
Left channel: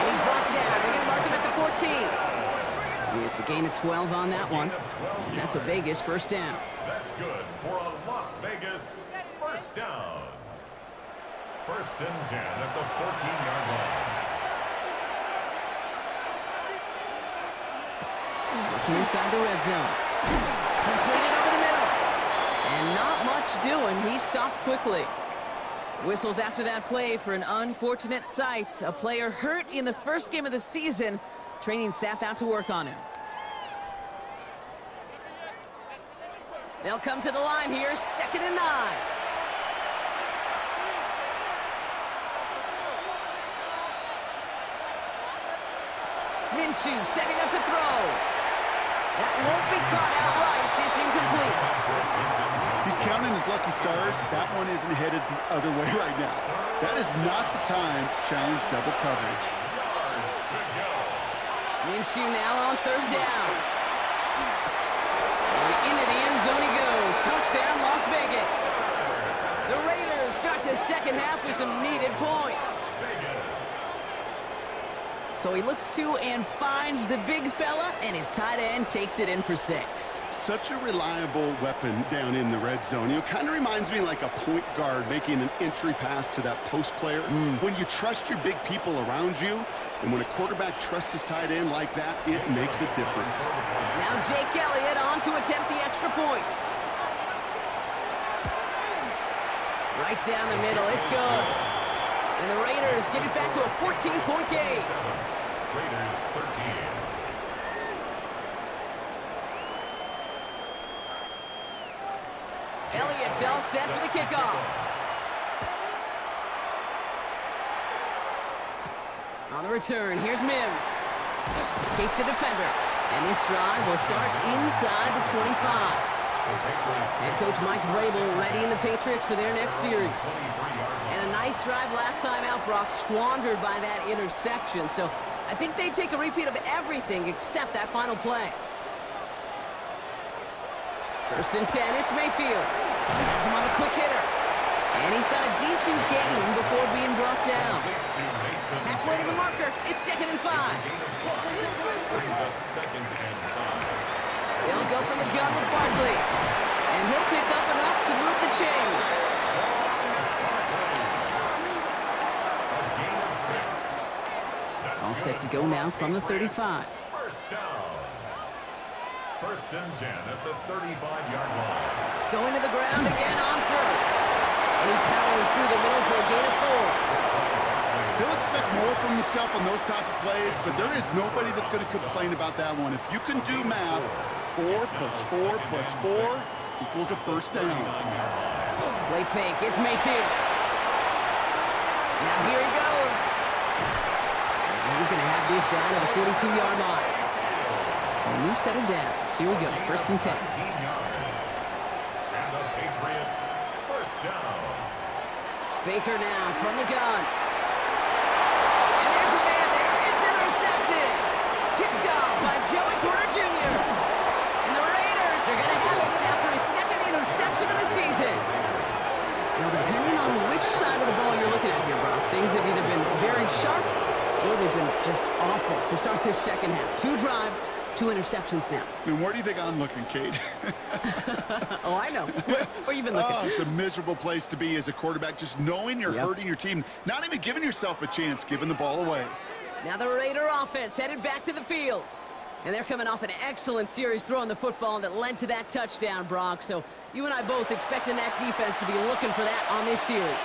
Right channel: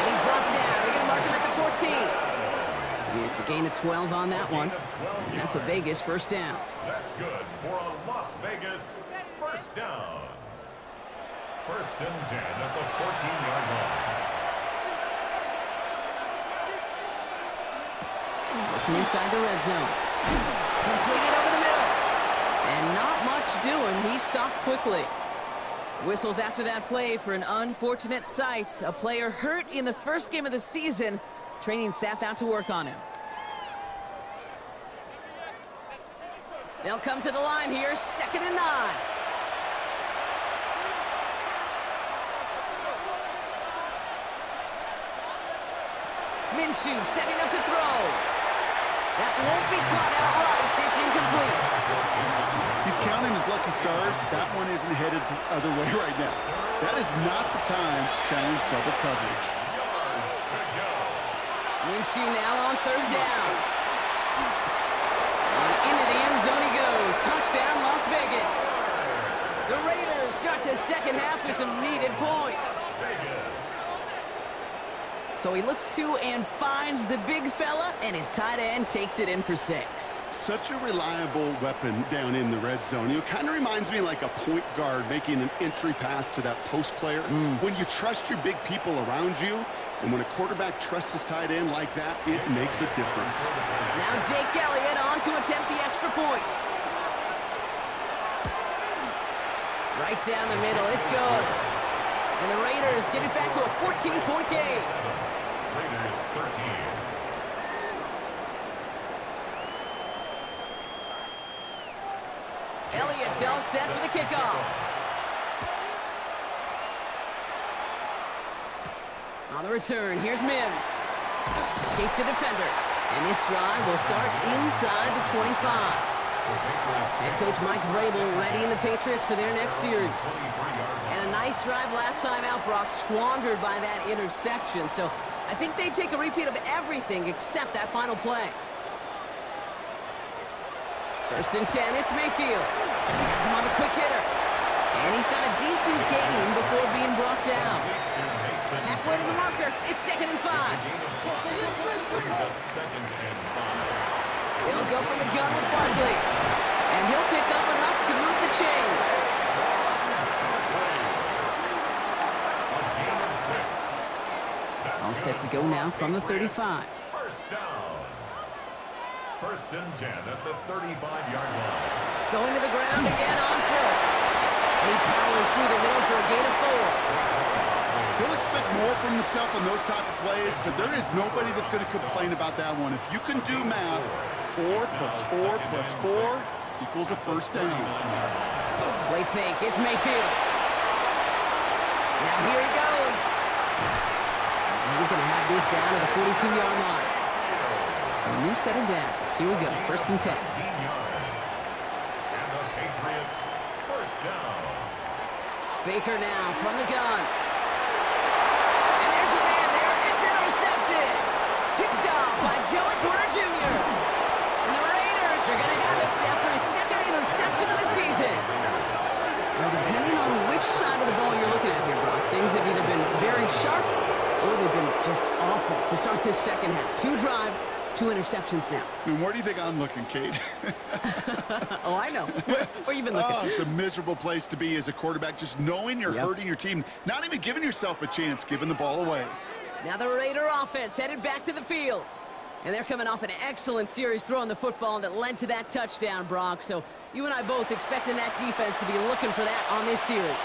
And he's brought down. They're going to mark him at the 14. It's a gain of 12 on that one. And that's a Vegas first down. That's good for a Las Vegas first down. First and 10 at the 14-yard line. Working inside the red zone. Completed over the middle. And not much doing. He stopped quickly. Whistles after that play for an unfortunate sight. A player hurt in the first game of the season. Training staff out to work on him. They'll come to the line here, second and 9. Minshew setting up to throw. That won't be caught outright. It's incomplete. He's counting his lucky stars. That one isn't headed the other way right now. That is not the time to challenge double coverage. Minshew now on third down. And into the end zone he goes. Touchdown, Las Vegas. The Raiders start the second half with some needed points. So he looks to and finds the big fella, and his tight end takes it in for 6. Such a reliable weapon down in the red zone. You know, kind of reminds me like a point guard making an entry pass to that post player. When you trust your big people around you, and when a quarterback trusts his tight end like that, it makes a difference. Now Jake Elliott on to attempt the extra point. Right down the middle, it's good. And the Raiders get it back to a 14-point game. Raiders 13. Elliott's all set for the kickoff. On the return, here's Mims. Escapes a defender. And this drive will start inside the 25. Head coach Mike Vrabel readying the Patriots for their next series. And a nice drive last time out, Brock, squandered by that interception. So I think they'd take a repeat of everything except that final play. First and 10, it's Mayfield. Has him on the quick hitter. And he's got a decent gain before being brought down. Halfway to the marker. Baker. It's 2nd and 5. Brings up 2nd and 5. He'll go from the gun with Barkley. And he'll pick up enough to move the chains. A gain of 6. All set to go now from the 35. First down. 1st and 10 at the 35-yard line. Going to the ground again on first. And he powers through the middle for a gain of 4. He'll expect more from himself on those type of plays, but there is nobody that's going to complain about that one. If you can do math, 4 plus 4 plus 4 equals a first down. Play fake. It's Mayfield. Now here he goes. And he's going to have this down at the 42-yard line. So a new set of downs. Here we go. 1st and 10. 19 yards. And the Patriots first down. Baker now from the gun. And there's a man there. It's intercepted. Picked off by Joey Porter Jr. And the Raiders are going to have it after his 2nd interception of the season. Well, depending on which side of the ball you're looking at here, Brock, things have either been very sharp or they've been just awful to start this second half. 2 drives, 2 interceptions now. And where do you think I'm looking, Kate? Oh, I know. Where you been looking? Oh, it's a miserable place to be as a quarterback, just knowing you're hurting your team, not even giving yourself a chance, giving the ball away. Now the Raider offense headed back to the field. And they're coming off an excellent series throwing the football that led to that touchdown, Brock. So you and I both expecting that defense to be looking for that on this series.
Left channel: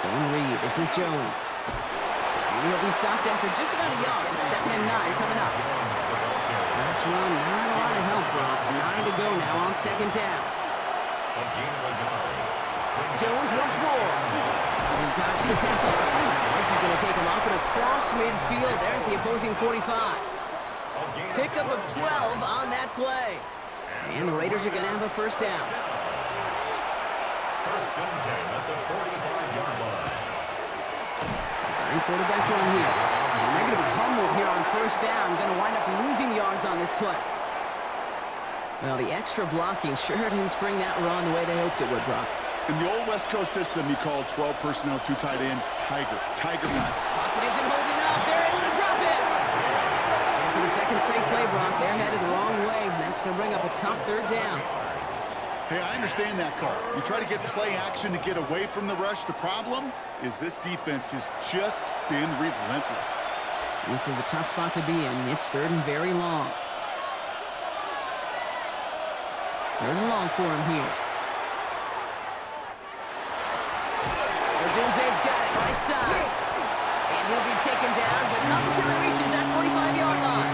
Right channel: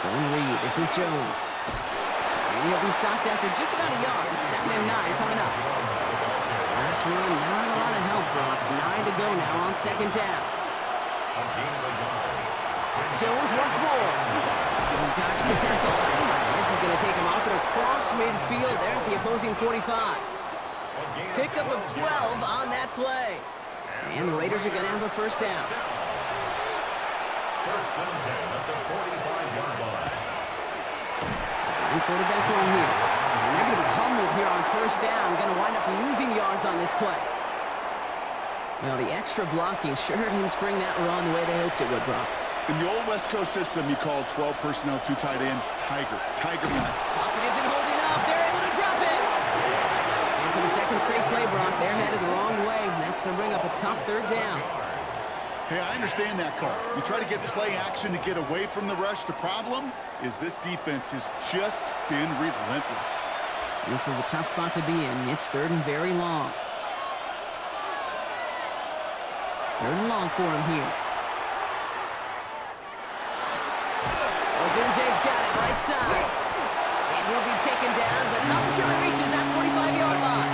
Zone read. This is Jones. And he'll be stopped after just about a yard. 2nd and 9 coming up. Last run, not a lot of help, Brock. 9 to go now on 2nd down. A gain of a yard. Jones once more. He dodged the tackle. And this is going to take him up and across midfield there at the opposing 45. Pickup of 12 on that play. And the Raiders are going to have a first down. 1st and 10 at the 45-yard line. Design quarterback run here. And they're going to be humbled here on first down. Going to wind up losing yards on this play. Well, the extra blocking sure didn't spring that run the way they hoped it would, Brock. In the old West Coast system, you called 12 personnel, 2 tight ends, Tiger man. Pocket isn't holding up. They're able to drop it. And for the 2nd straight play, Brock, they're headed the wrong way. And that's going to bring up a tough 3rd down. Hey, I understand that call. You try to get play action to get away from the rush. The problem is this defense has just been relentless. This is a tough spot to be in. It's 3rd and very long. 3rd and long for him here. Odunze's got it right side. And he'll be taken down, but not until he reaches that 45-yard line.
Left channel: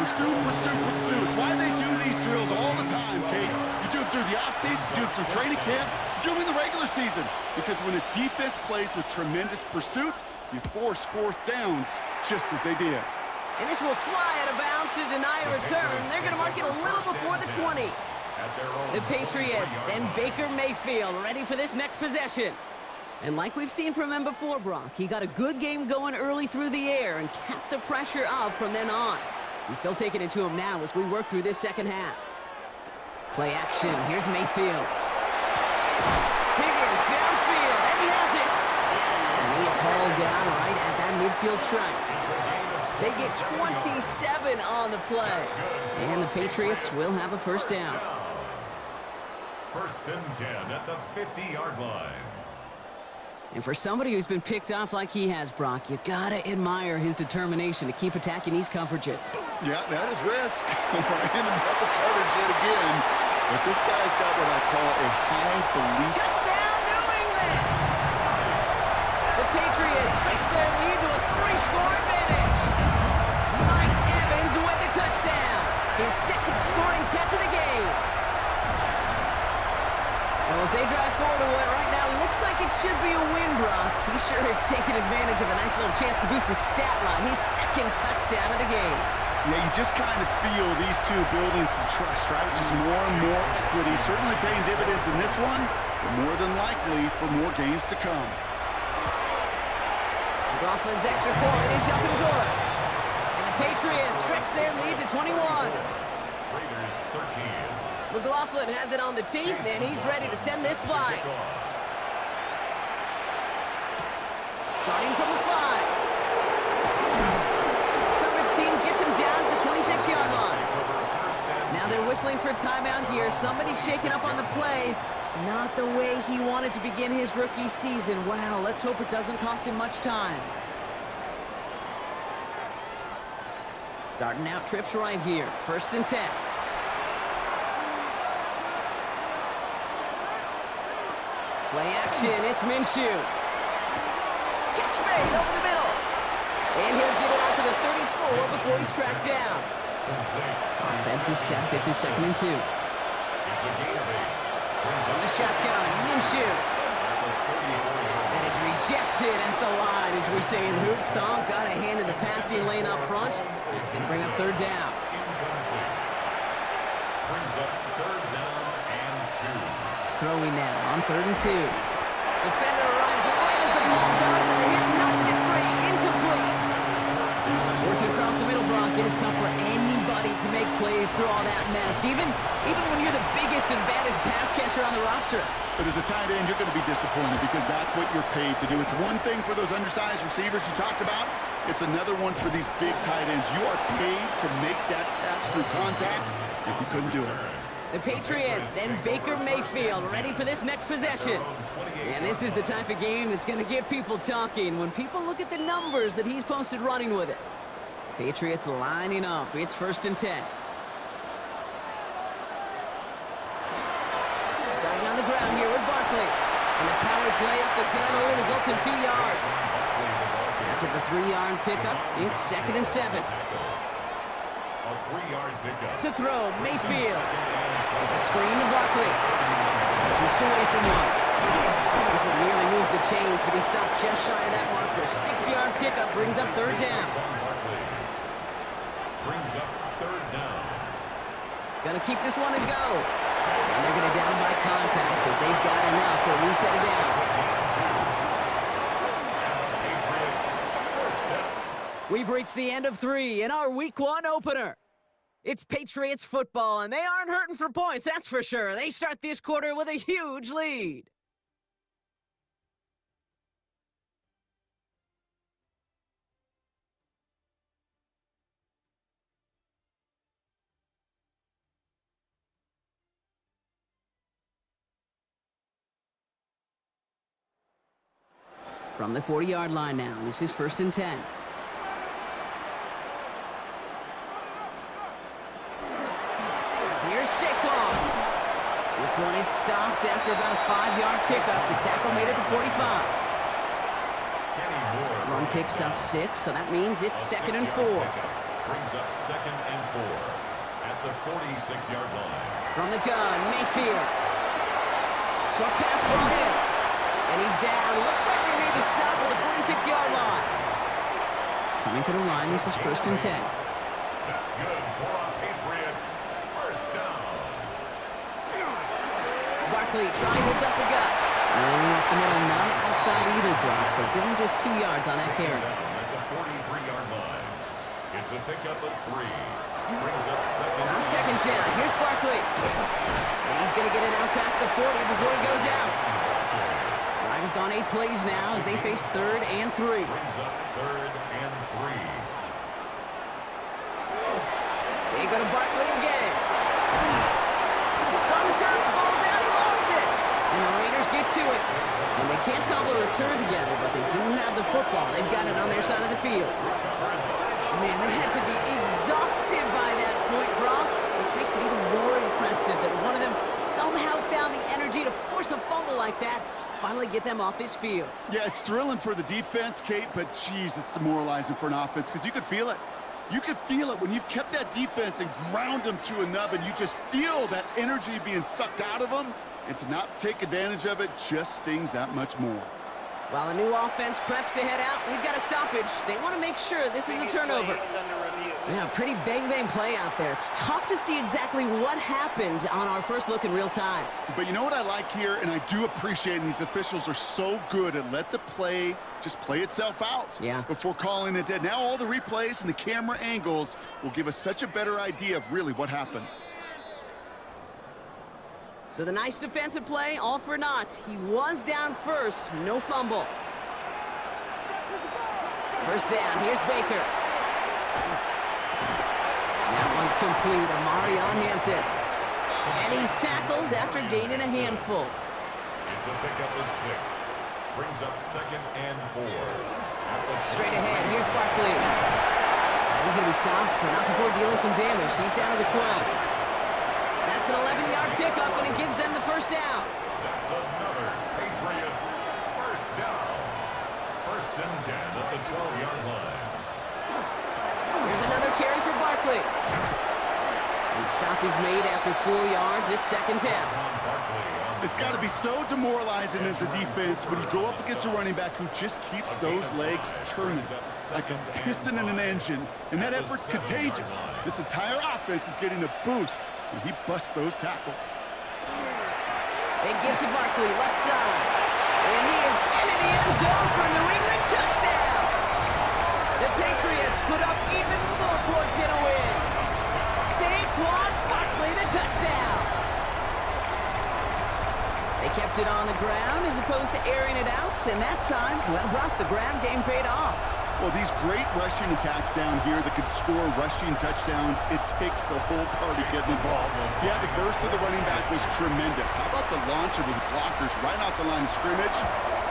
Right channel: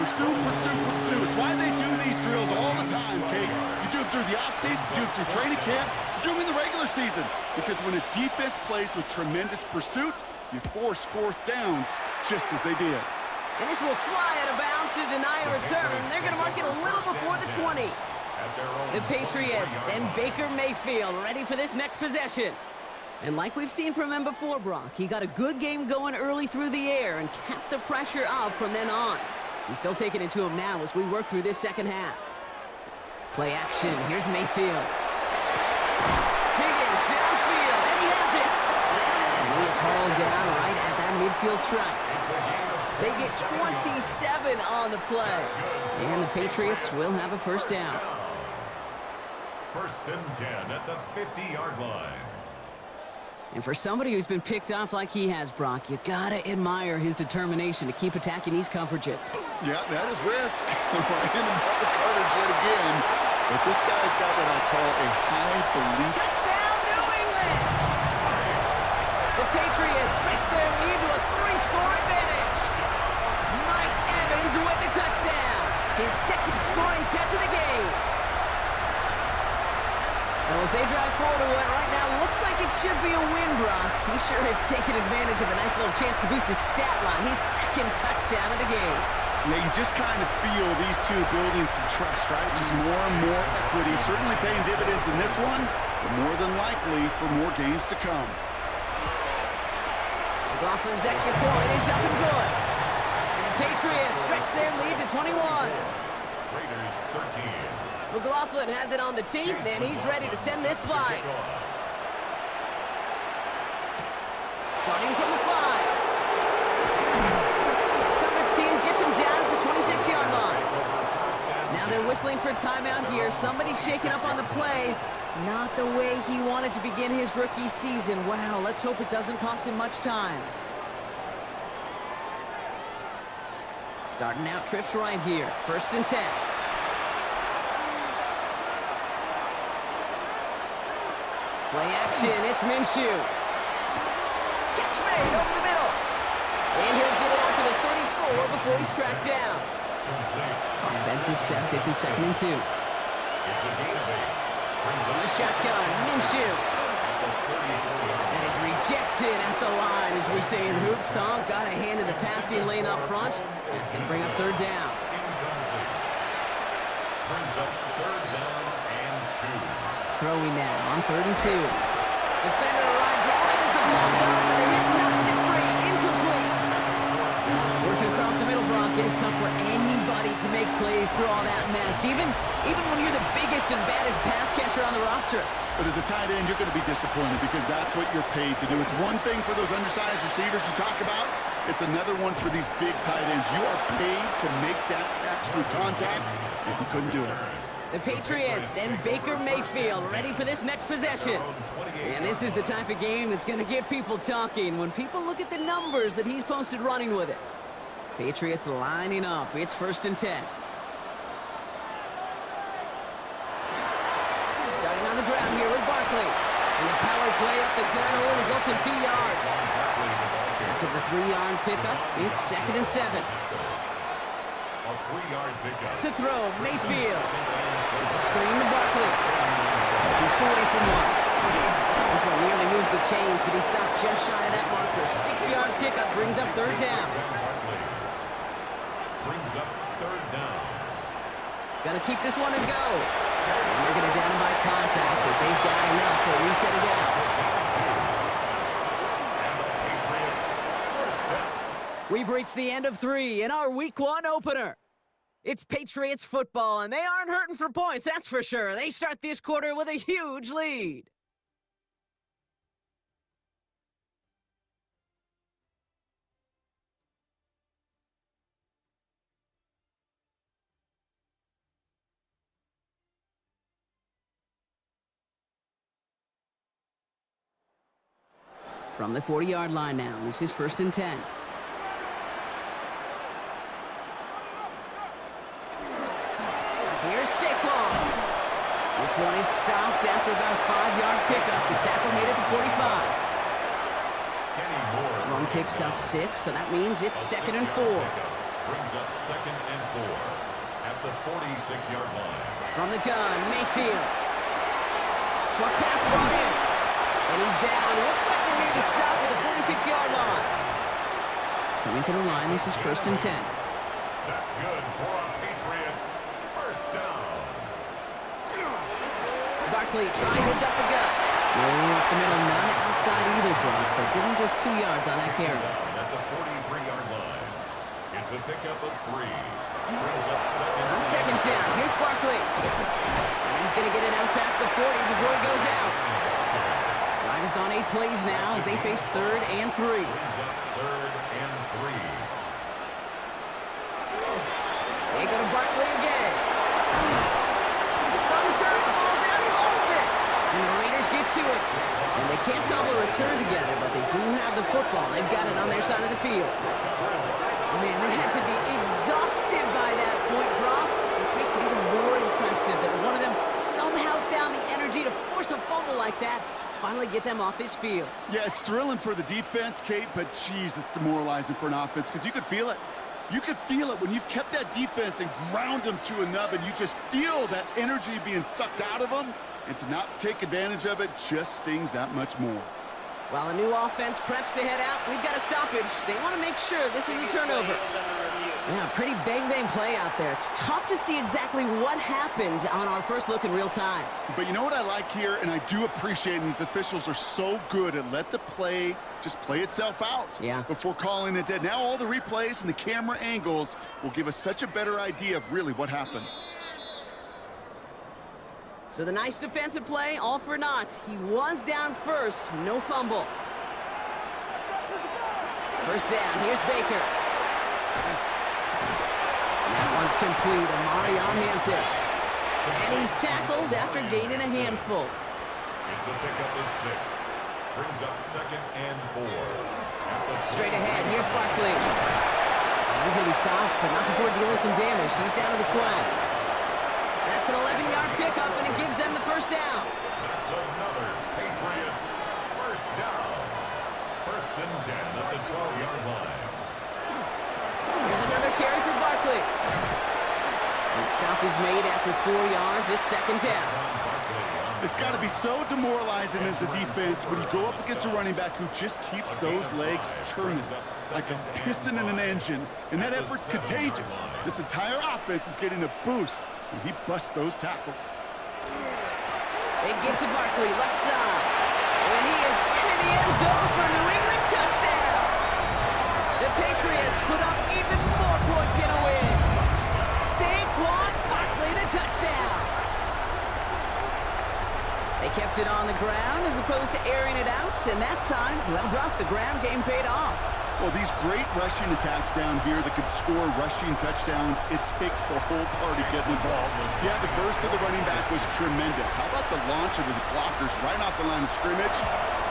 Pursue, pursue, pursue. It's why they do these drills all the time, Kate. You do them through the offseason, you do them through training camp, you do them in the regular season. Because when a defense plays with tremendous pursuit, you force 4th downs just as they did. And this will fly out of bounds to deny a return. They're going to mark it a little before the 20. The Patriots and Baker Mayfield ready for this next possession. And like we've seen from him before, Brock, he got a good game going early through the air and kept the pressure up from then on. He's still taking it to him now as we work through this second half. Play action. Here's Mayfield. Higgins downfield, and he has it. And he is hauled down right at that midfield stripe. They get 27 on the play. And the Patriots will have a first down. 1st and 10 at the 50-yard line. And for somebody who's been picked off like he has, Brock, you gotta admire his determination to keep attacking these coverages. Yeah, that is risk. We're in a double coverage yet again. But this guy's got what I call a high belief. Touchdown, New England! The Patriots stretch their lead to a 3-score advantage. Mike Evans with the touchdown. His 2nd scoring catch of the game. Well, as they drive forward to what right now looks like it should be a win, Brock, he sure has taken advantage of a nice little chance to boost his stat line. His 2nd touchdown of the game. Yeah, you just kind of feel these two building some trust, right? Just more and more equity. Certainly paying dividends in this one, but more than likely for more games to come. McLaughlin's extra point is up and good. And the Patriots stretch their lead to 21. Raiders 13. McLaughlin has it on the team, and he's ready to send this flying. Starting from the 5. Coverage team gets him down at the 26-yard line. Now they're whistling for timeout here. Somebody's shaking up on the play. Not the way he wanted to begin his rookie season. Wow, let's hope it doesn't cost him much time. Starting out trips right here. 1st and 10. Play action, it's Minshew. Catch made over the middle. And he'll get it out to the 34 before he's tracked down. Offense is set. This is 2nd and 2. It's a gain of 8. On the shotgun, Minshew. That is rejected at the line, as we say in hoops. Got a hand in the passing lane up front. That's going to bring up 3rd down. Incomplete. Brings up 3rd down and 2. Throwing now on 3rd and 2. Defender arrives right as the ball does, and the hit knocks it free. Incomplete. Working across the middle, Brock, it is tough for anybody to make plays through all that mess, even when you're the biggest and baddest pass catcher on the roster. But as a tight end, you're going to be disappointed because that's what you're paid to do. It's one thing for those undersized receivers you talk about. It's another one for these big tight ends. You are paid to make that catch through contact, and you couldn't do it. The Patriots and Baker Mayfield ready for this next possession. And this is the type of game that's going to get people talking when people look at the numbers that he's posted running with us. Patriots lining up. It's 1st and 10. Starting on the ground here with Barkley. And the power play up the gut only results in 2 yards. After the 3-yard pickup, it's 2nd and 7. A 3-yard pickup. To throw, Mayfield. It's a screen to Barkley. Keeps away from one. This one nearly moves the chains, but he stopped just shy of that marker. 6-yard pickup brings up 3rd down. Brings up 3rd down. Gonna keep this one and go. And they're gonna down him by contact as they've got enough for a new set of downs. And the Patriots first down. We've reached the end of 3 in our Week 1 opener. It's Patriots football, and they aren't hurting for points, that's for sure. They start this quarter with a huge lead. From the 40-yard line now, this is 1st and 10. Here's Saquon. This one is stopped after about a 5-yard pickup. The tackle made it to 45. Run picks up 6, so that means it's 2nd and 4. Brings up 2nd and 4 at the 46-yard line. From the gun, Mayfield. Short pass brought in. And he's down. Looks like they made the stop at the 46-yard line. Coming to the line, this is 1st and 10. That's good for a Patriots first down. Barkley trying this up the gut. No up the middle, none outside either, Brock. So give him just 2 yards on that carry. Down at the 43-yard line. It's a pickup of 3. Brings up 2nd. On 2nd down, here's Barkley. And he's going to get it out past the 40 before he goes out. Drive has gone 8 plays now as they face 3rd and 3. Brings up 3rd and 3. They go to Barkley again. It's on the turf, the ball's out, he lost it. And the Raiders get to it. And they can't cobble a return together, but they do have the football. They've got it on their side of the field. Man, they had to be exhausted by that point, Brock, which makes it even more impressive that one of them somehow found the energy to force a fumble like that, finally get them off this field. Yeah, it's thrilling for the defense, Kate, but geez, it's demoralizing for an offense because you could feel it. You could feel it when you've kept that defense and ground them to a nub, and you just feel that energy being sucked out of them, and to not take advantage of it just stings that much more. While a new offense preps to head out, we've got a stoppage. They want to make sure this is a turnover. Yeah, pretty bang-bang play out there. It's tough to see exactly what happened on our first look in real time. But you know what I like here, and I do appreciate, and these officials are so good at let the play just play itself out before calling it dead. Now all the replays and the camera angles will give us such a better idea of really what happened. So the nice defensive play, all for naught. He was down first, no fumble. First down, here's Baker. That one's complete, Amari on Hampton. And he's tackled after gaining a handful. It's a pickup of 6. Brings up 2nd and 4. Straight ahead, here's Barkley. He's going to be stopped, but not before dealing some damage. He's down to the 12. That's an 11-yard pickup, and it gives them the first down. That's another Patriots first down. 1st and 10 at the 12-yard line. Here's another carry for Barkley. And the stop is made after 4 yards. It's 2nd down. It's got to be so demoralizing as a defense when you go up against a running back who just keeps those legs churning like a piston in an engine, and that effort's contagious. This entire offense is getting a boost when he busts those tackles. They give to Barkley, left side. And he is into the end zone for a New England touchdown. The Patriots put up even more points in a win. Saquon Barkley, the touchdown. They kept it on the ground as opposed to airing it out, and that time, well, Brock, the ground game paid off. Well, these great rushing attacks down here that could score rushing touchdowns, it takes the whole party getting involved. Yeah, the burst of the running back was tremendous. How about the launch of his blockers right off the line of scrimmage?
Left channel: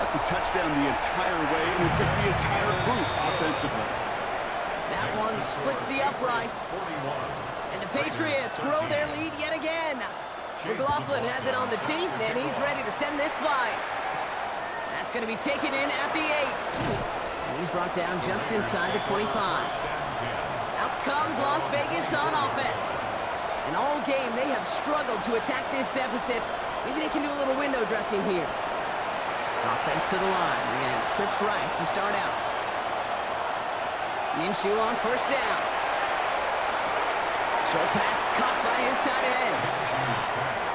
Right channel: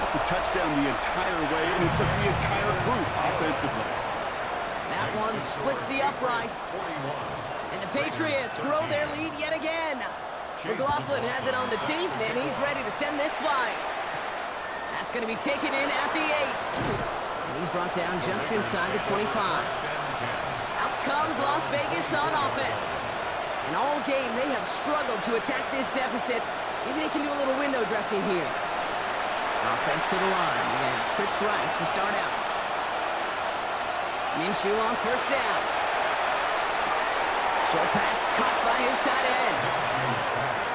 That's a touchdown the entire way, and it took the entire group offensively. That one splits the uprights. And the Patriots grow their lead yet again. McLaughlin has it on the tee, and he's ready to send this flight. That's going to be taken in at the 8. And he's brought down just inside the 25. Out comes Las Vegas on offense. And all game, they have struggled to attack this deficit. Maybe they can do a little window dressing here. Offense to the line. Again, trips right to start out. Minshew on first down. Short pass caught by his tight end.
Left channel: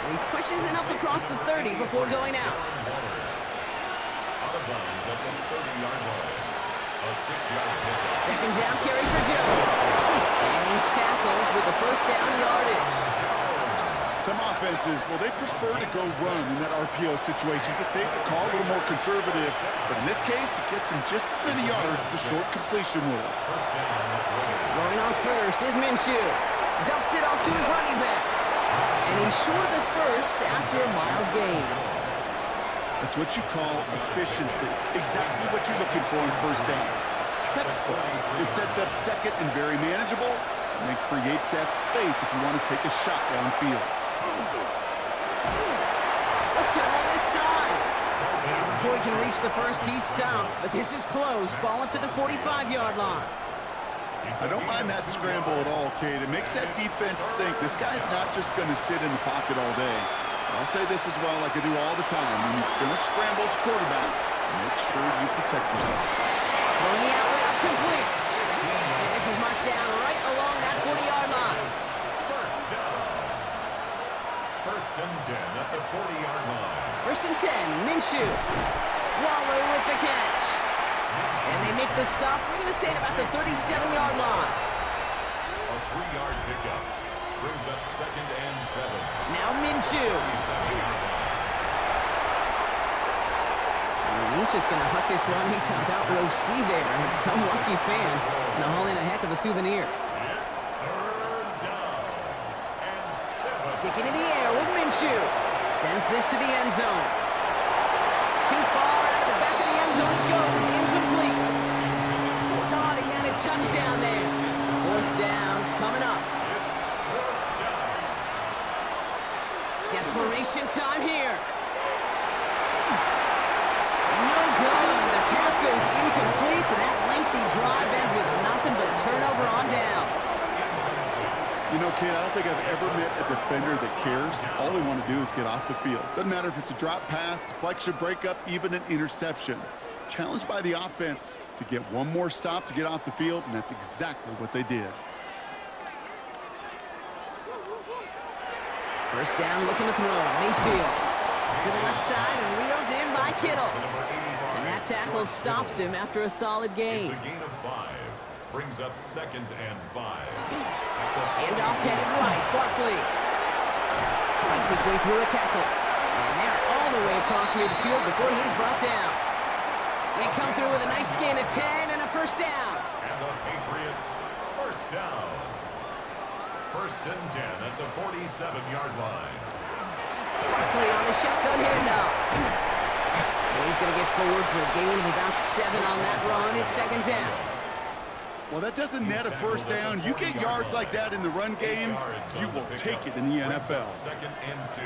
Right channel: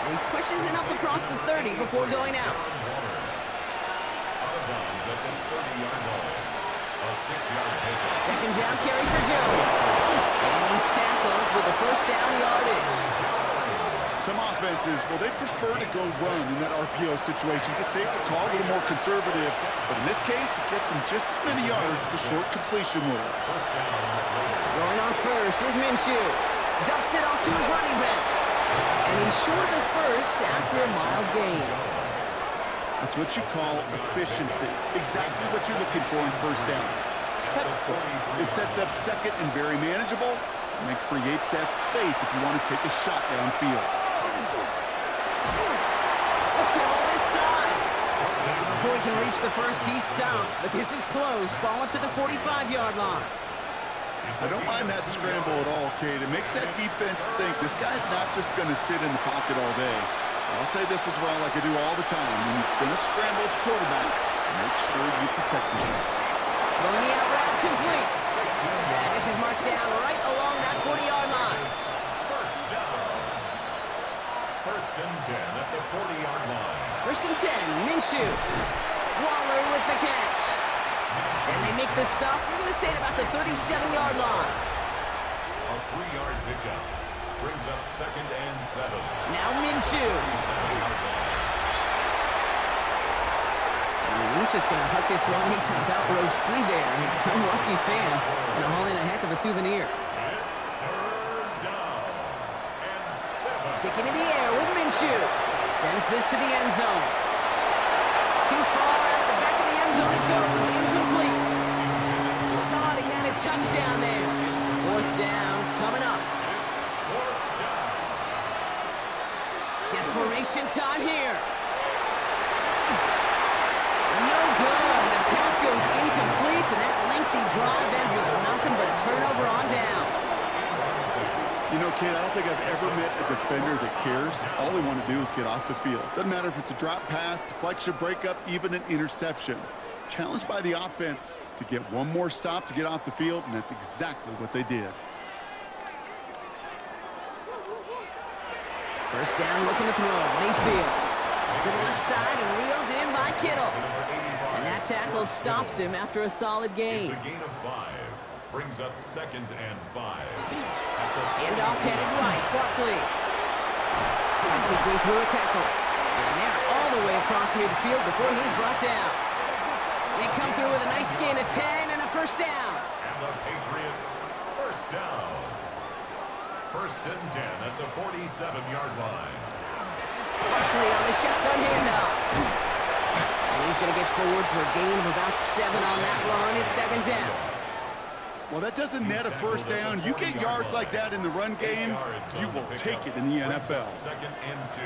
And he pushes it up across the 30 before going out. Out of bounds at the 30-yard line. A 6-yard pickup. 2nd down carry for Jones. And he's tackled with the first down yardage. Some offenses, well, they prefer to go run in that RPO situation. It's a safer call, a little more conservative. But in this case, it gets him just as many yards as a short completion would have. Going on first is Minshew. Dumps it off to his running back. And he's short of the first after a mild gain. That's what you call efficiency. Exactly what you're looking for in first down. Textbook. It sets up 2nd and very manageable, and it creates that space if you want to take a shot downfield. Look at all this time. And before he can reach the first, he's stopped. But this is close. Ball up to the 45-yard line. I don't mind that scramble at all, Kate. It makes that defense think this guy's not just going to sit in the pocket all day. I'll say this as well, like I do all the time. When you're going to scramble as quarterback, make sure you protect yourself. Throwing the out route complete. And this is marked down right along that 40-yard line. First down. 1st and 10 at the 40-yard line. 1st and 10, Minshew. Waller with the catch. And they make the stop, we're going to say, at about the 37-yard line. A 3-yard pickup. Brings up 2nd and 7. Now Minshew. And he's just going to huck this one into about row C there. And some lucky fan going to haul in a heck of a souvenir. It's 3rd down and 7. Sticking in the air with Minshew. Sends this to the end zone. Too far out of the back of the end zone it goes. Incomplete. Thought he had a touchdown there. 4th down coming up. Desperation time here. No good. The pass goes incomplete, and that lengthy drive ends with nothing but a turnover on downs. You know, kid, I don't think I've ever met a defender that cares. All they want to do is get off the field. Doesn't matter if it's a drop pass, deflection, breakup, even an interception. Challenged by the offense to get one more stop to get off the field, and that's exactly what they did. First down, looking to throw. Mayfield to the left side and reeled in by Kittle. And that tackle stops him after a solid gain. It's a gain of 5. Brings up 2nd and 5. Handoff headed right. Barkley fights his way through a tackle. And they're all the way across midfield before he's brought down. They come through with a nice gain of 10 and a first down. And the Patriots, first down. First and 10 at the 47-yard line. Barkley on the shotgun handoff. And he's going to get forward for a gain of about 7 on that run. It's second down. Well, that doesn't net a first down. You get yards like that in the run game, you will take it in the NFL. Second and 2.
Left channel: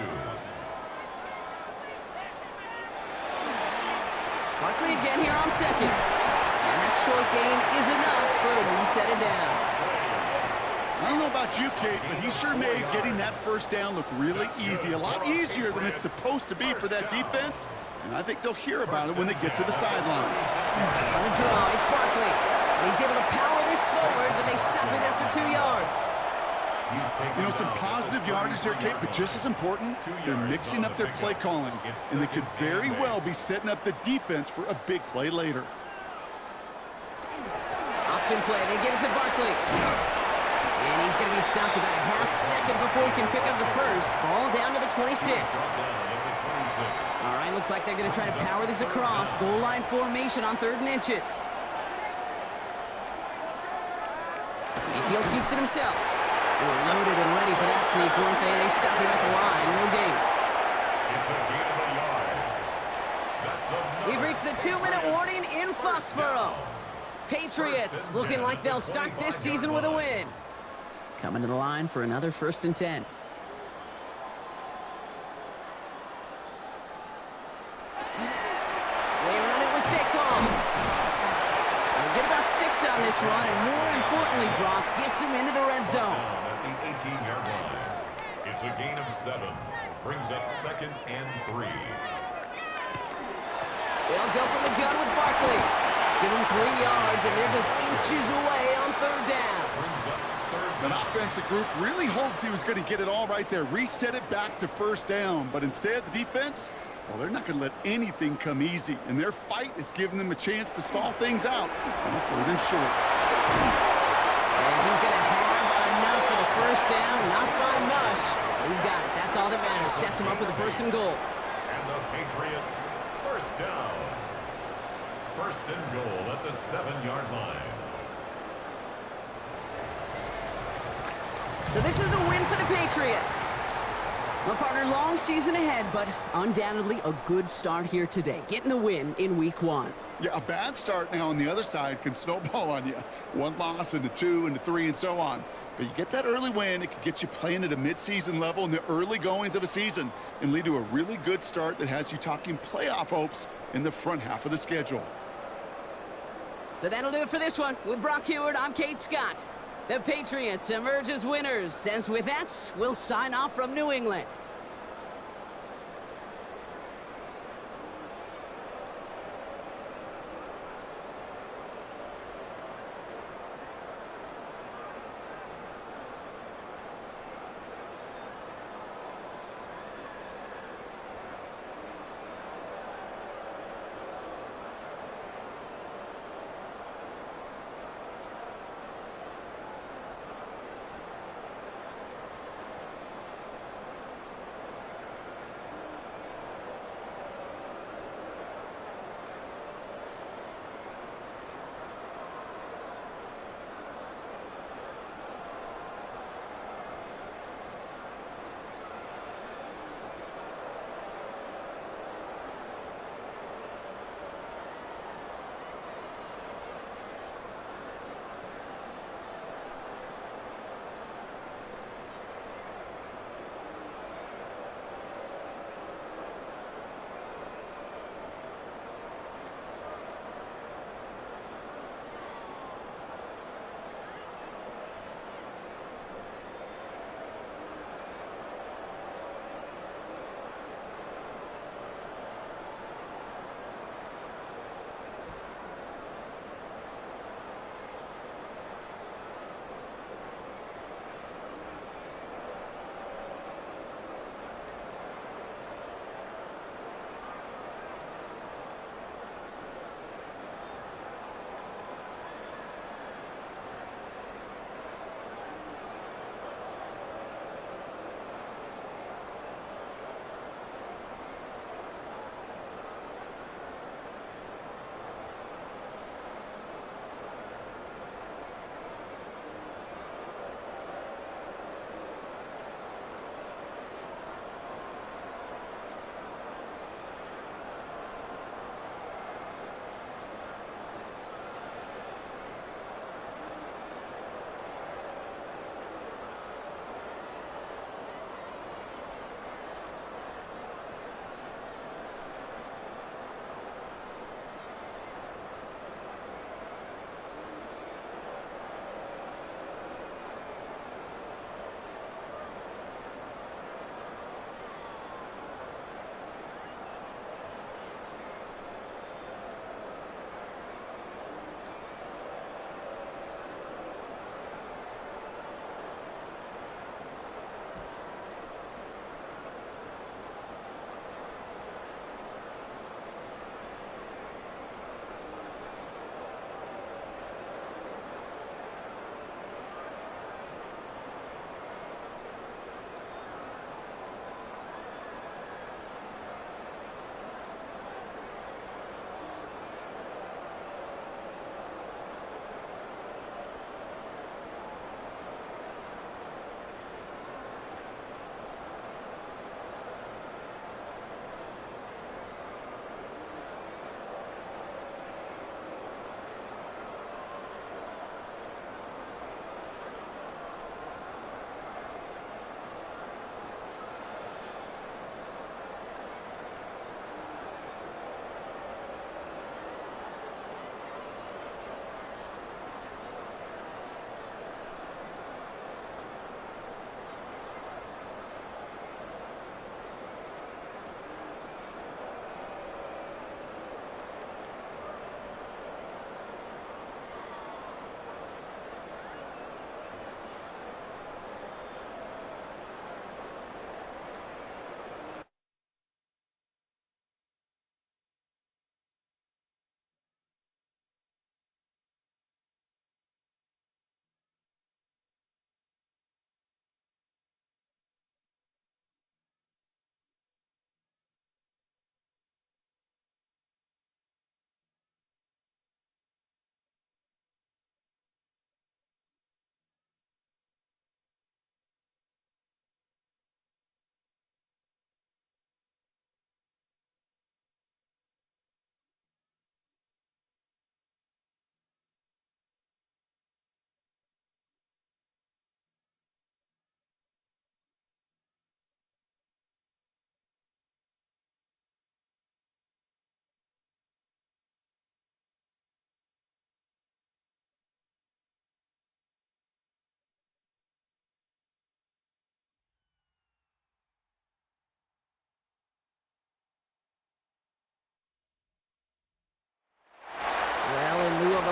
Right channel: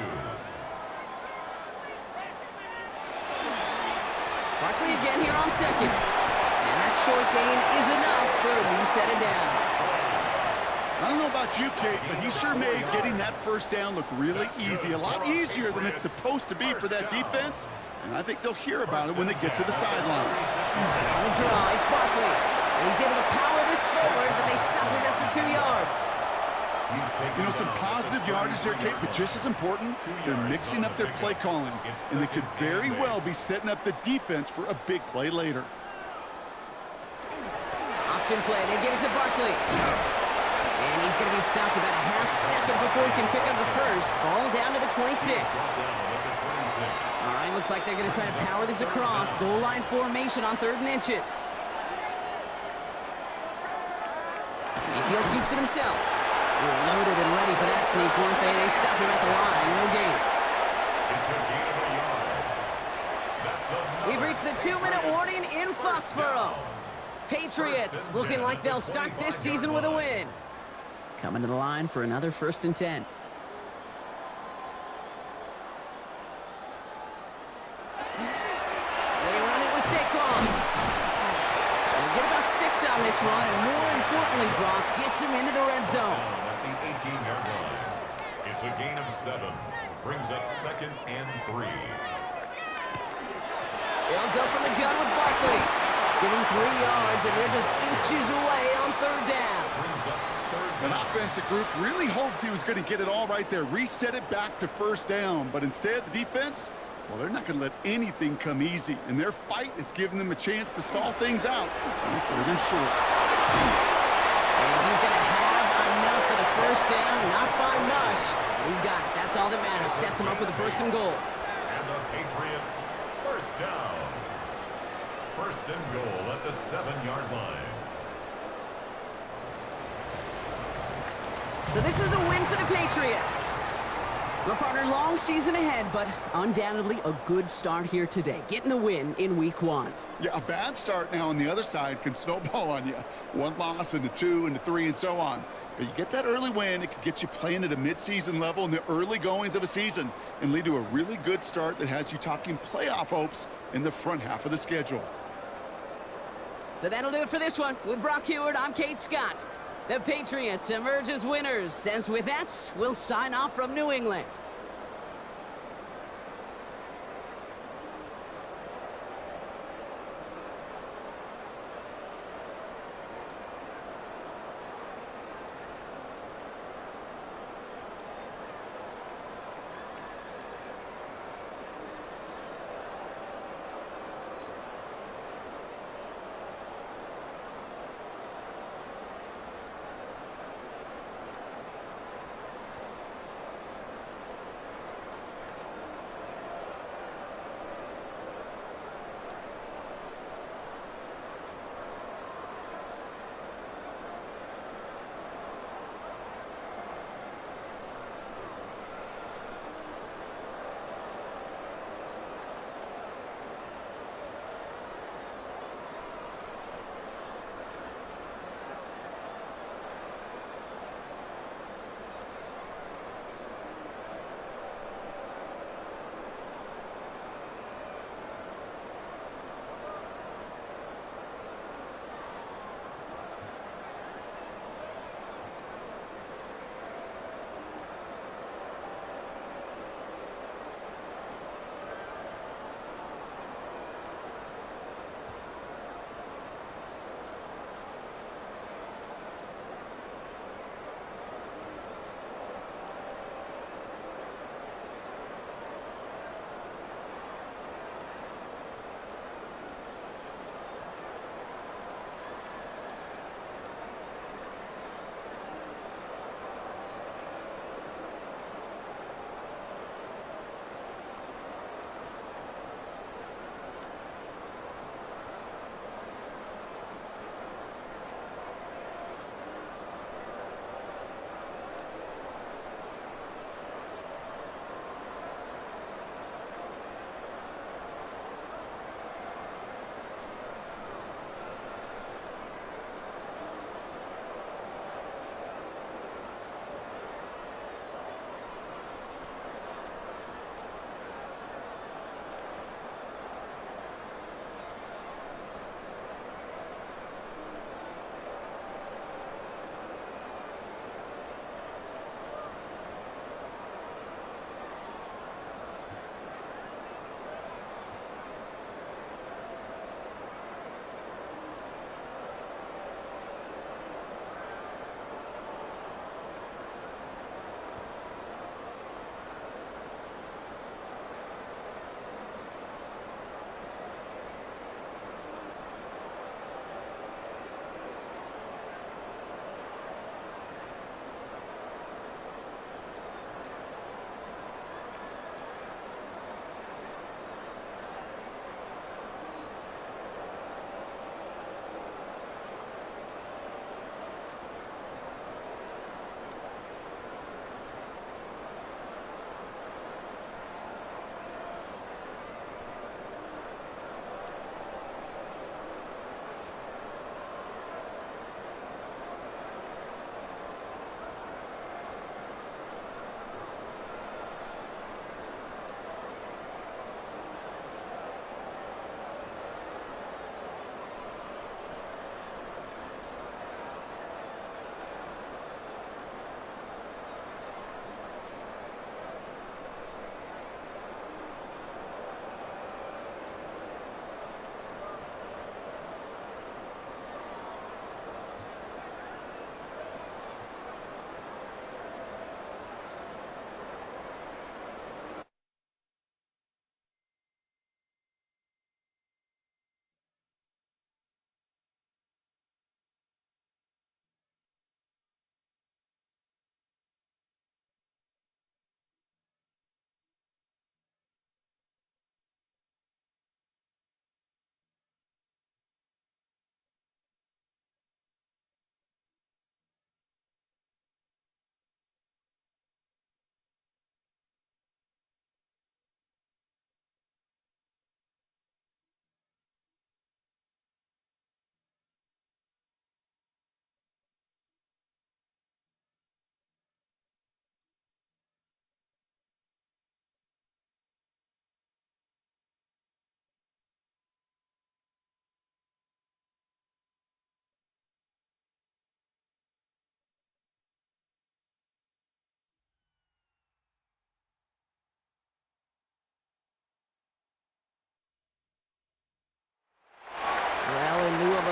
Barkley again here on second. And that short gain is enough for a new set of downs. I don't know about you, Kate, but he sure made getting that first down look really easy. A lot easier than it's supposed to be for that defense. And I think they'll hear about it when they get to the sidelines. On the draw, it's Barkley. And he's able to power this forward, but they stop him after 2 yards. You know, some positive yardage there, Kate, but just as important, they're mixing up their play calling. And they could very well be setting up the defense for a big play later. Option play, they give it to Barkley. And he's going to be stopped about a half second before he can pick up the first. Ball down to the 26. All right, looks like they're going to try to power this across. Goal line formation on 3rd and inches. Mayfield keeps it himself. They were loaded and ready for that sneak, weren't they? They stopped him at the line. No gain. It's a gain of a yard. That's We've reached the 2-minute warning in Foxborough. Patriots looking like they'll start this season with a win. Coming to the line for another 1st and 10. They run it with Saquon. They'll get about 6 on this run, and more importantly, Brock gets him into the red zone. At the 18-yard line. It's a gain of 7. Brings up 2nd and 3. They'll go from the gun with Barkley. Give him 3 yards, and they're just inches away on 3rd down. Brings up 3rd An down. offensive group really hoped he was going to get it all right there, reset it back to first down. But instead, the defense, well, they're not going to let anything come easy. And their fight is giving them a chance to stall things out on 3rd and short. And he's going to have enough for the first down, not by much. He got it. That's all that matters. Sets him up with the 1st and goal. And the Patriots, first down. 1st and goal at the 7-yard line. So this is a win for the Patriots. Well, partner, long season ahead, but undoubtedly a good start here today. Getting the win in week 1. Yeah, a bad start now on the other side can snowball on you. 1 loss into 2 into 3 and so on. But you get that early win, it could get you playing at a midseason level in the early goings of a season and lead to a really good start that has you talking playoff hopes in the front half of the schedule. So that'll do it for this one. With Brock Heward, I'm Kate Scott. The Patriots emerge as winners. As with that, we'll sign off from New England.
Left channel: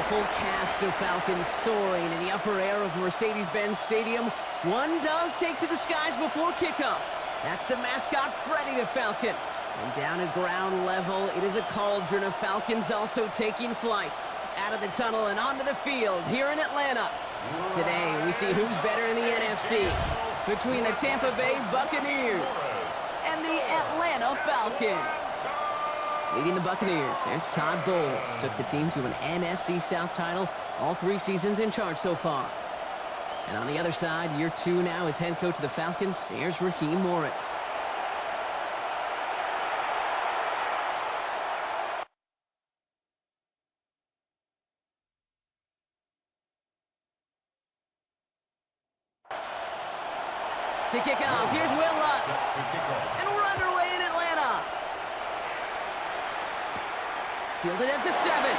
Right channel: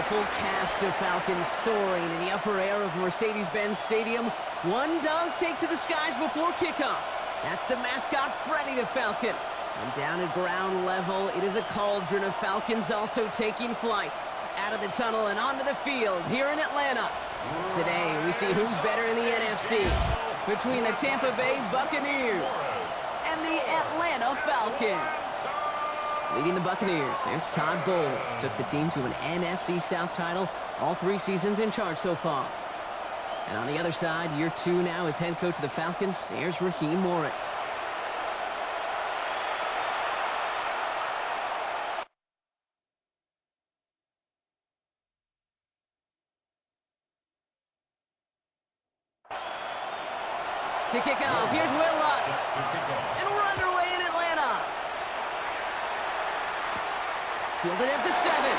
full cast of Falcons soaring in the upper air of Mercedes-Benz Stadium. One does take to the skies before kickoff. That's the mascot, Freddy the Falcon. And down at ground level, it is a cauldron of Falcons also taking flight out of the tunnel and onto the field here in Atlanta. Today, we see who's better in the NFC between the Tampa Bay Buccaneers and the Atlanta Falcons. Leading the Buccaneers, there's Todd Bowles. Took the team to an NFC South title, all 3 seasons in charge so far. And on the other side, year 2 now as head coach of the Falcons, here's Raheem Morris. To kick off, here's Will Lutz. And we're underway in Atlanta. Fielded at the 7.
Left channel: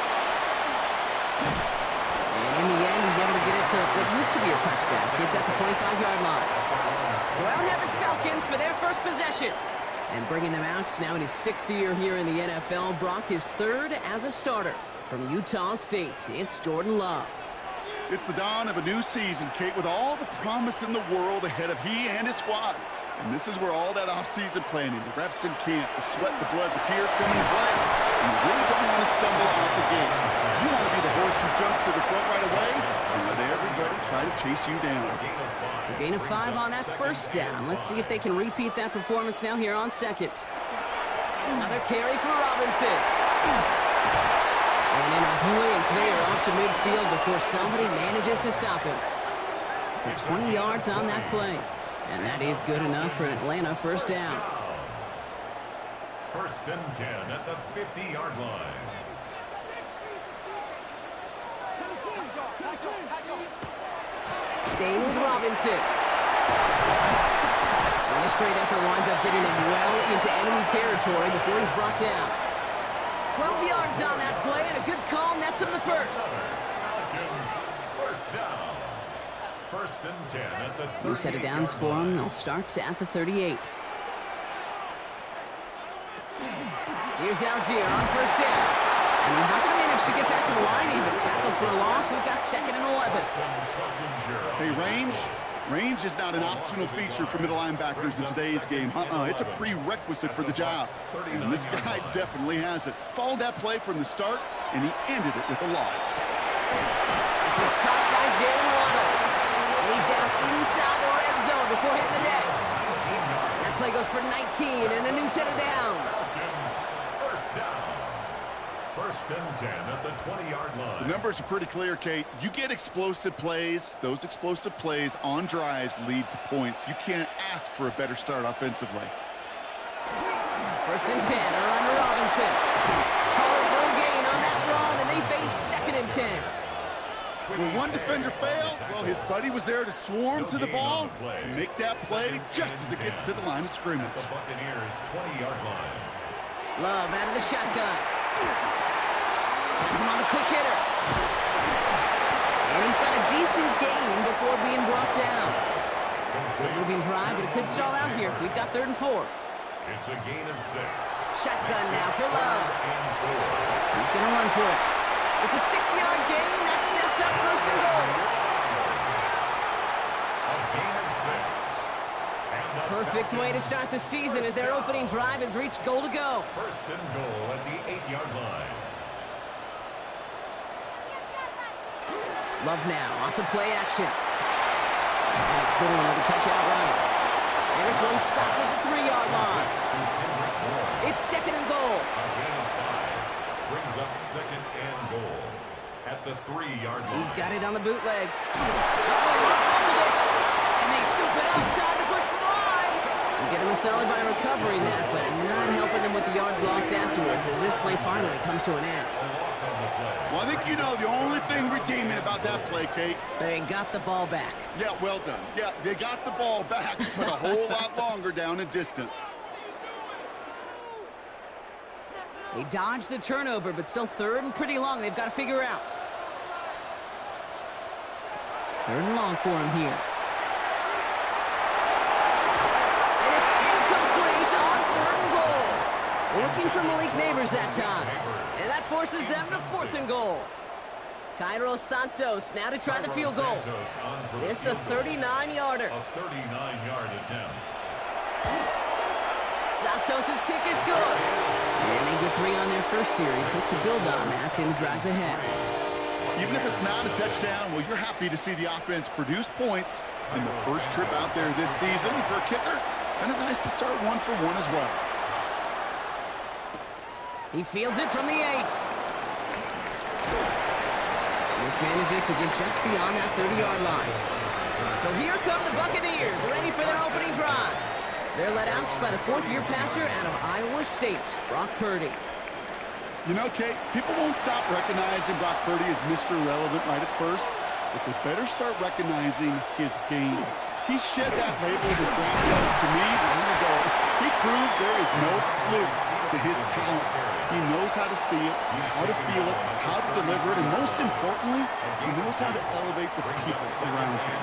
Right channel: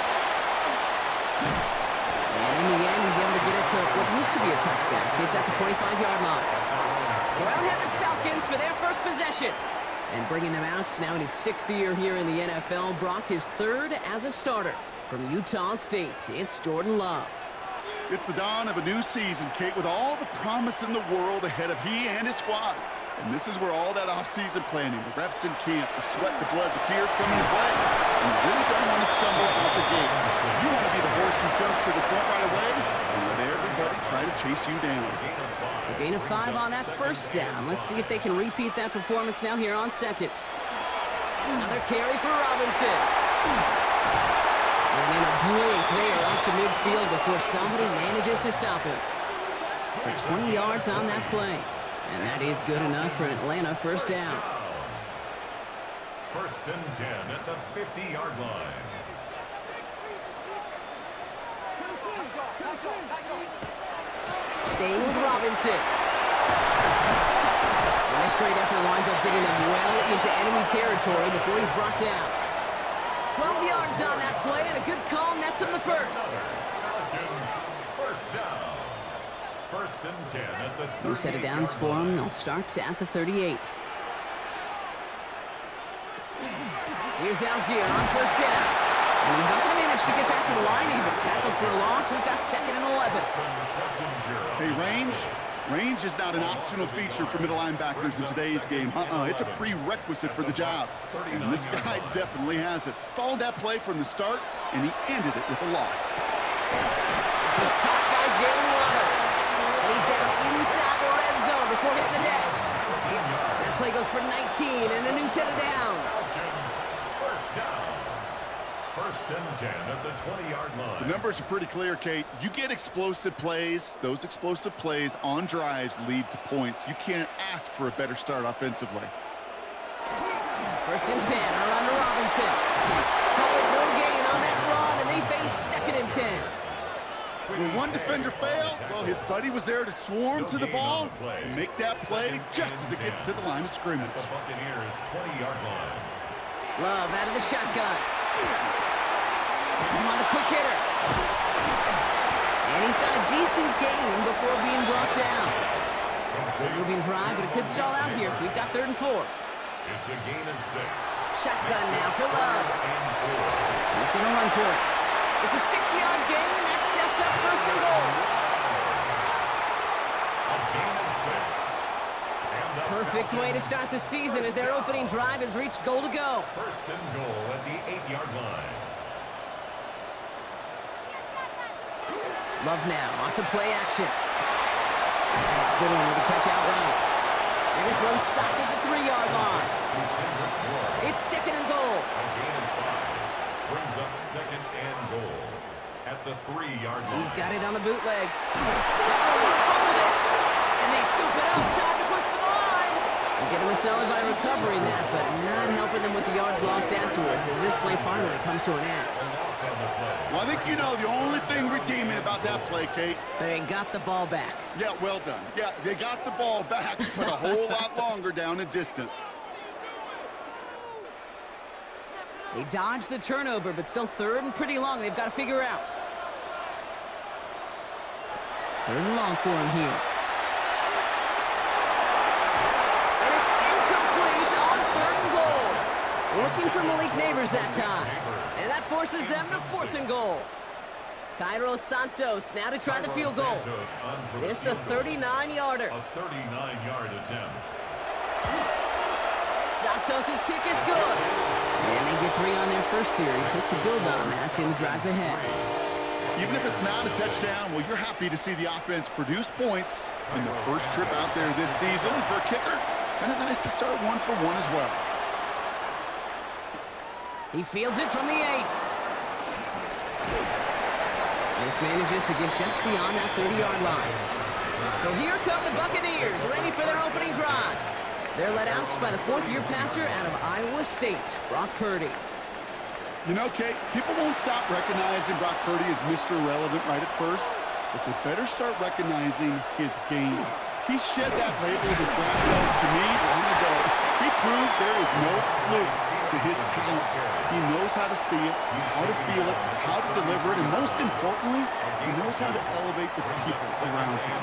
And in the end, he's able to get it to what used to be a touchback. It's at the 25-yard line. So out have the Falcons for their first possession. And bringing them out now in his 6th year here in the NFL, Brock his 3rd as a starter from Utah State. It's Jordan Love. It's the dawn of a new season, Kate, with all the promise in the world ahead of he and his squad. And this is where all that off-season planning, the reps in camp, the sweat, the blood, the tears come into play. And you really don't want to stumble out the gate. You want to be the horse who jumps to the front right away and let everybody try to chase you down. So gain of 5 on that first down. Let's see if they can repeat that performance now here on 2nd. Another carry for Robinson. And in a blink, they are off to midfield before somebody manages to stop him. So 20 yards on that play. And that is good enough for Atlanta first down. 1st and 10 at the 50-yard line. Staying with Robinson. And this great effort winds up getting him well into enemy territory before he's brought down. 12 yards on that play, and a good call nets him the first. Falcons, first down. 1st and 10 at the 38-yard line. New set of downs for him. They'll start at the 38. Here's Algier on first down. And he's not going to manage to get back to the line even. Tackled for a loss. We've got 2nd and 11. Hey, range is not an optional feature for middle linebackers in today's game. It's a prerequisite for the job. And this guy definitely has it. Followed that play from the start, and he ended it with a loss. This is caught by Jalen Waddle. And he's down inside the red zone before hitting the deck. That play goes for 19 and a new set of downs. First down. 1st and 10 at the 20-yard line. The numbers are pretty clear, Kate. You get explosive plays. Those explosive plays on drives lead to points. You can't ask for a better start offensively. 1st and 10, around to Robinson. Call it no gain on that run, and they face 2nd and 10. When one defender failed, well, his buddy was there to swarm to the ball and make that play just as it gets to the line of scrimmage. The Buccaneers 20-yard line. Love out of the shotgun. Has him on the quick hitter. And he's got a decent gain before being brought down. Good moving drive, but it could stall out here. We've got 3rd and 4. It's a gain of 6. Shotgun now for Love. He's going to run for it. It's a 6-yard gain. That sets up 1st and goal. A gain of 6. And Perfect way to start the season as their opening drive has reached goal to go. 1st and goal at the 8-yard line. Love now off the play action. And it's Bourne with the catch outright. And this one's stopped at the 3-yard line. It's 2nd and goal. A gain of 5 brings up 2nd and goal at the 3-yard line. He's got it on the bootleg. Love fumbled it. And they scoop it up. Time to push for the line. He did him a solid by recovering that, but not helping them with the yards lost afterwards as this play finally comes to an end. Well, I think you know the only thing redeeming about that play, Kate. They got the ball back. Yeah, well done. Yeah, they got the ball back, but a whole lot longer down in distance. They dodged the turnover, but still 3rd and pretty long. They've got to figure out. 3rd and long for him here. And it's incomplete on 3rd and goal. Looking for Malik Neighbors that time. And that forces them to 4th and goal. Cairo Santos now to try the field goal. This a 39-yarder. A 39-yard attempt. Santos' kick is good. And they get 3 on their first series. Hope to build on that in the drives ahead. Even if it's not a touchdown, well, you're happy to see the offense produce points in the first trip out there this season. And for a kicker, kind of nice to start 1 for 1 as well. He fields it from the 8. This manages to get just beyond that 30-yard line. So here come the Buccaneers, ready for their opening drive. They're led out by the 4th-year passer out of Iowa State, Brock Purdy. You know, Kate, people won't stop recognizing Brock Purdy as Mr. Irrelevant right at first, but they better start recognizing his game. He shed that label of his draft status to me long ago. He proved there is no fluke to his talent. He knows how to see it, how to feel it, how to deliver it, and most importantly, he knows how to elevate the people around him.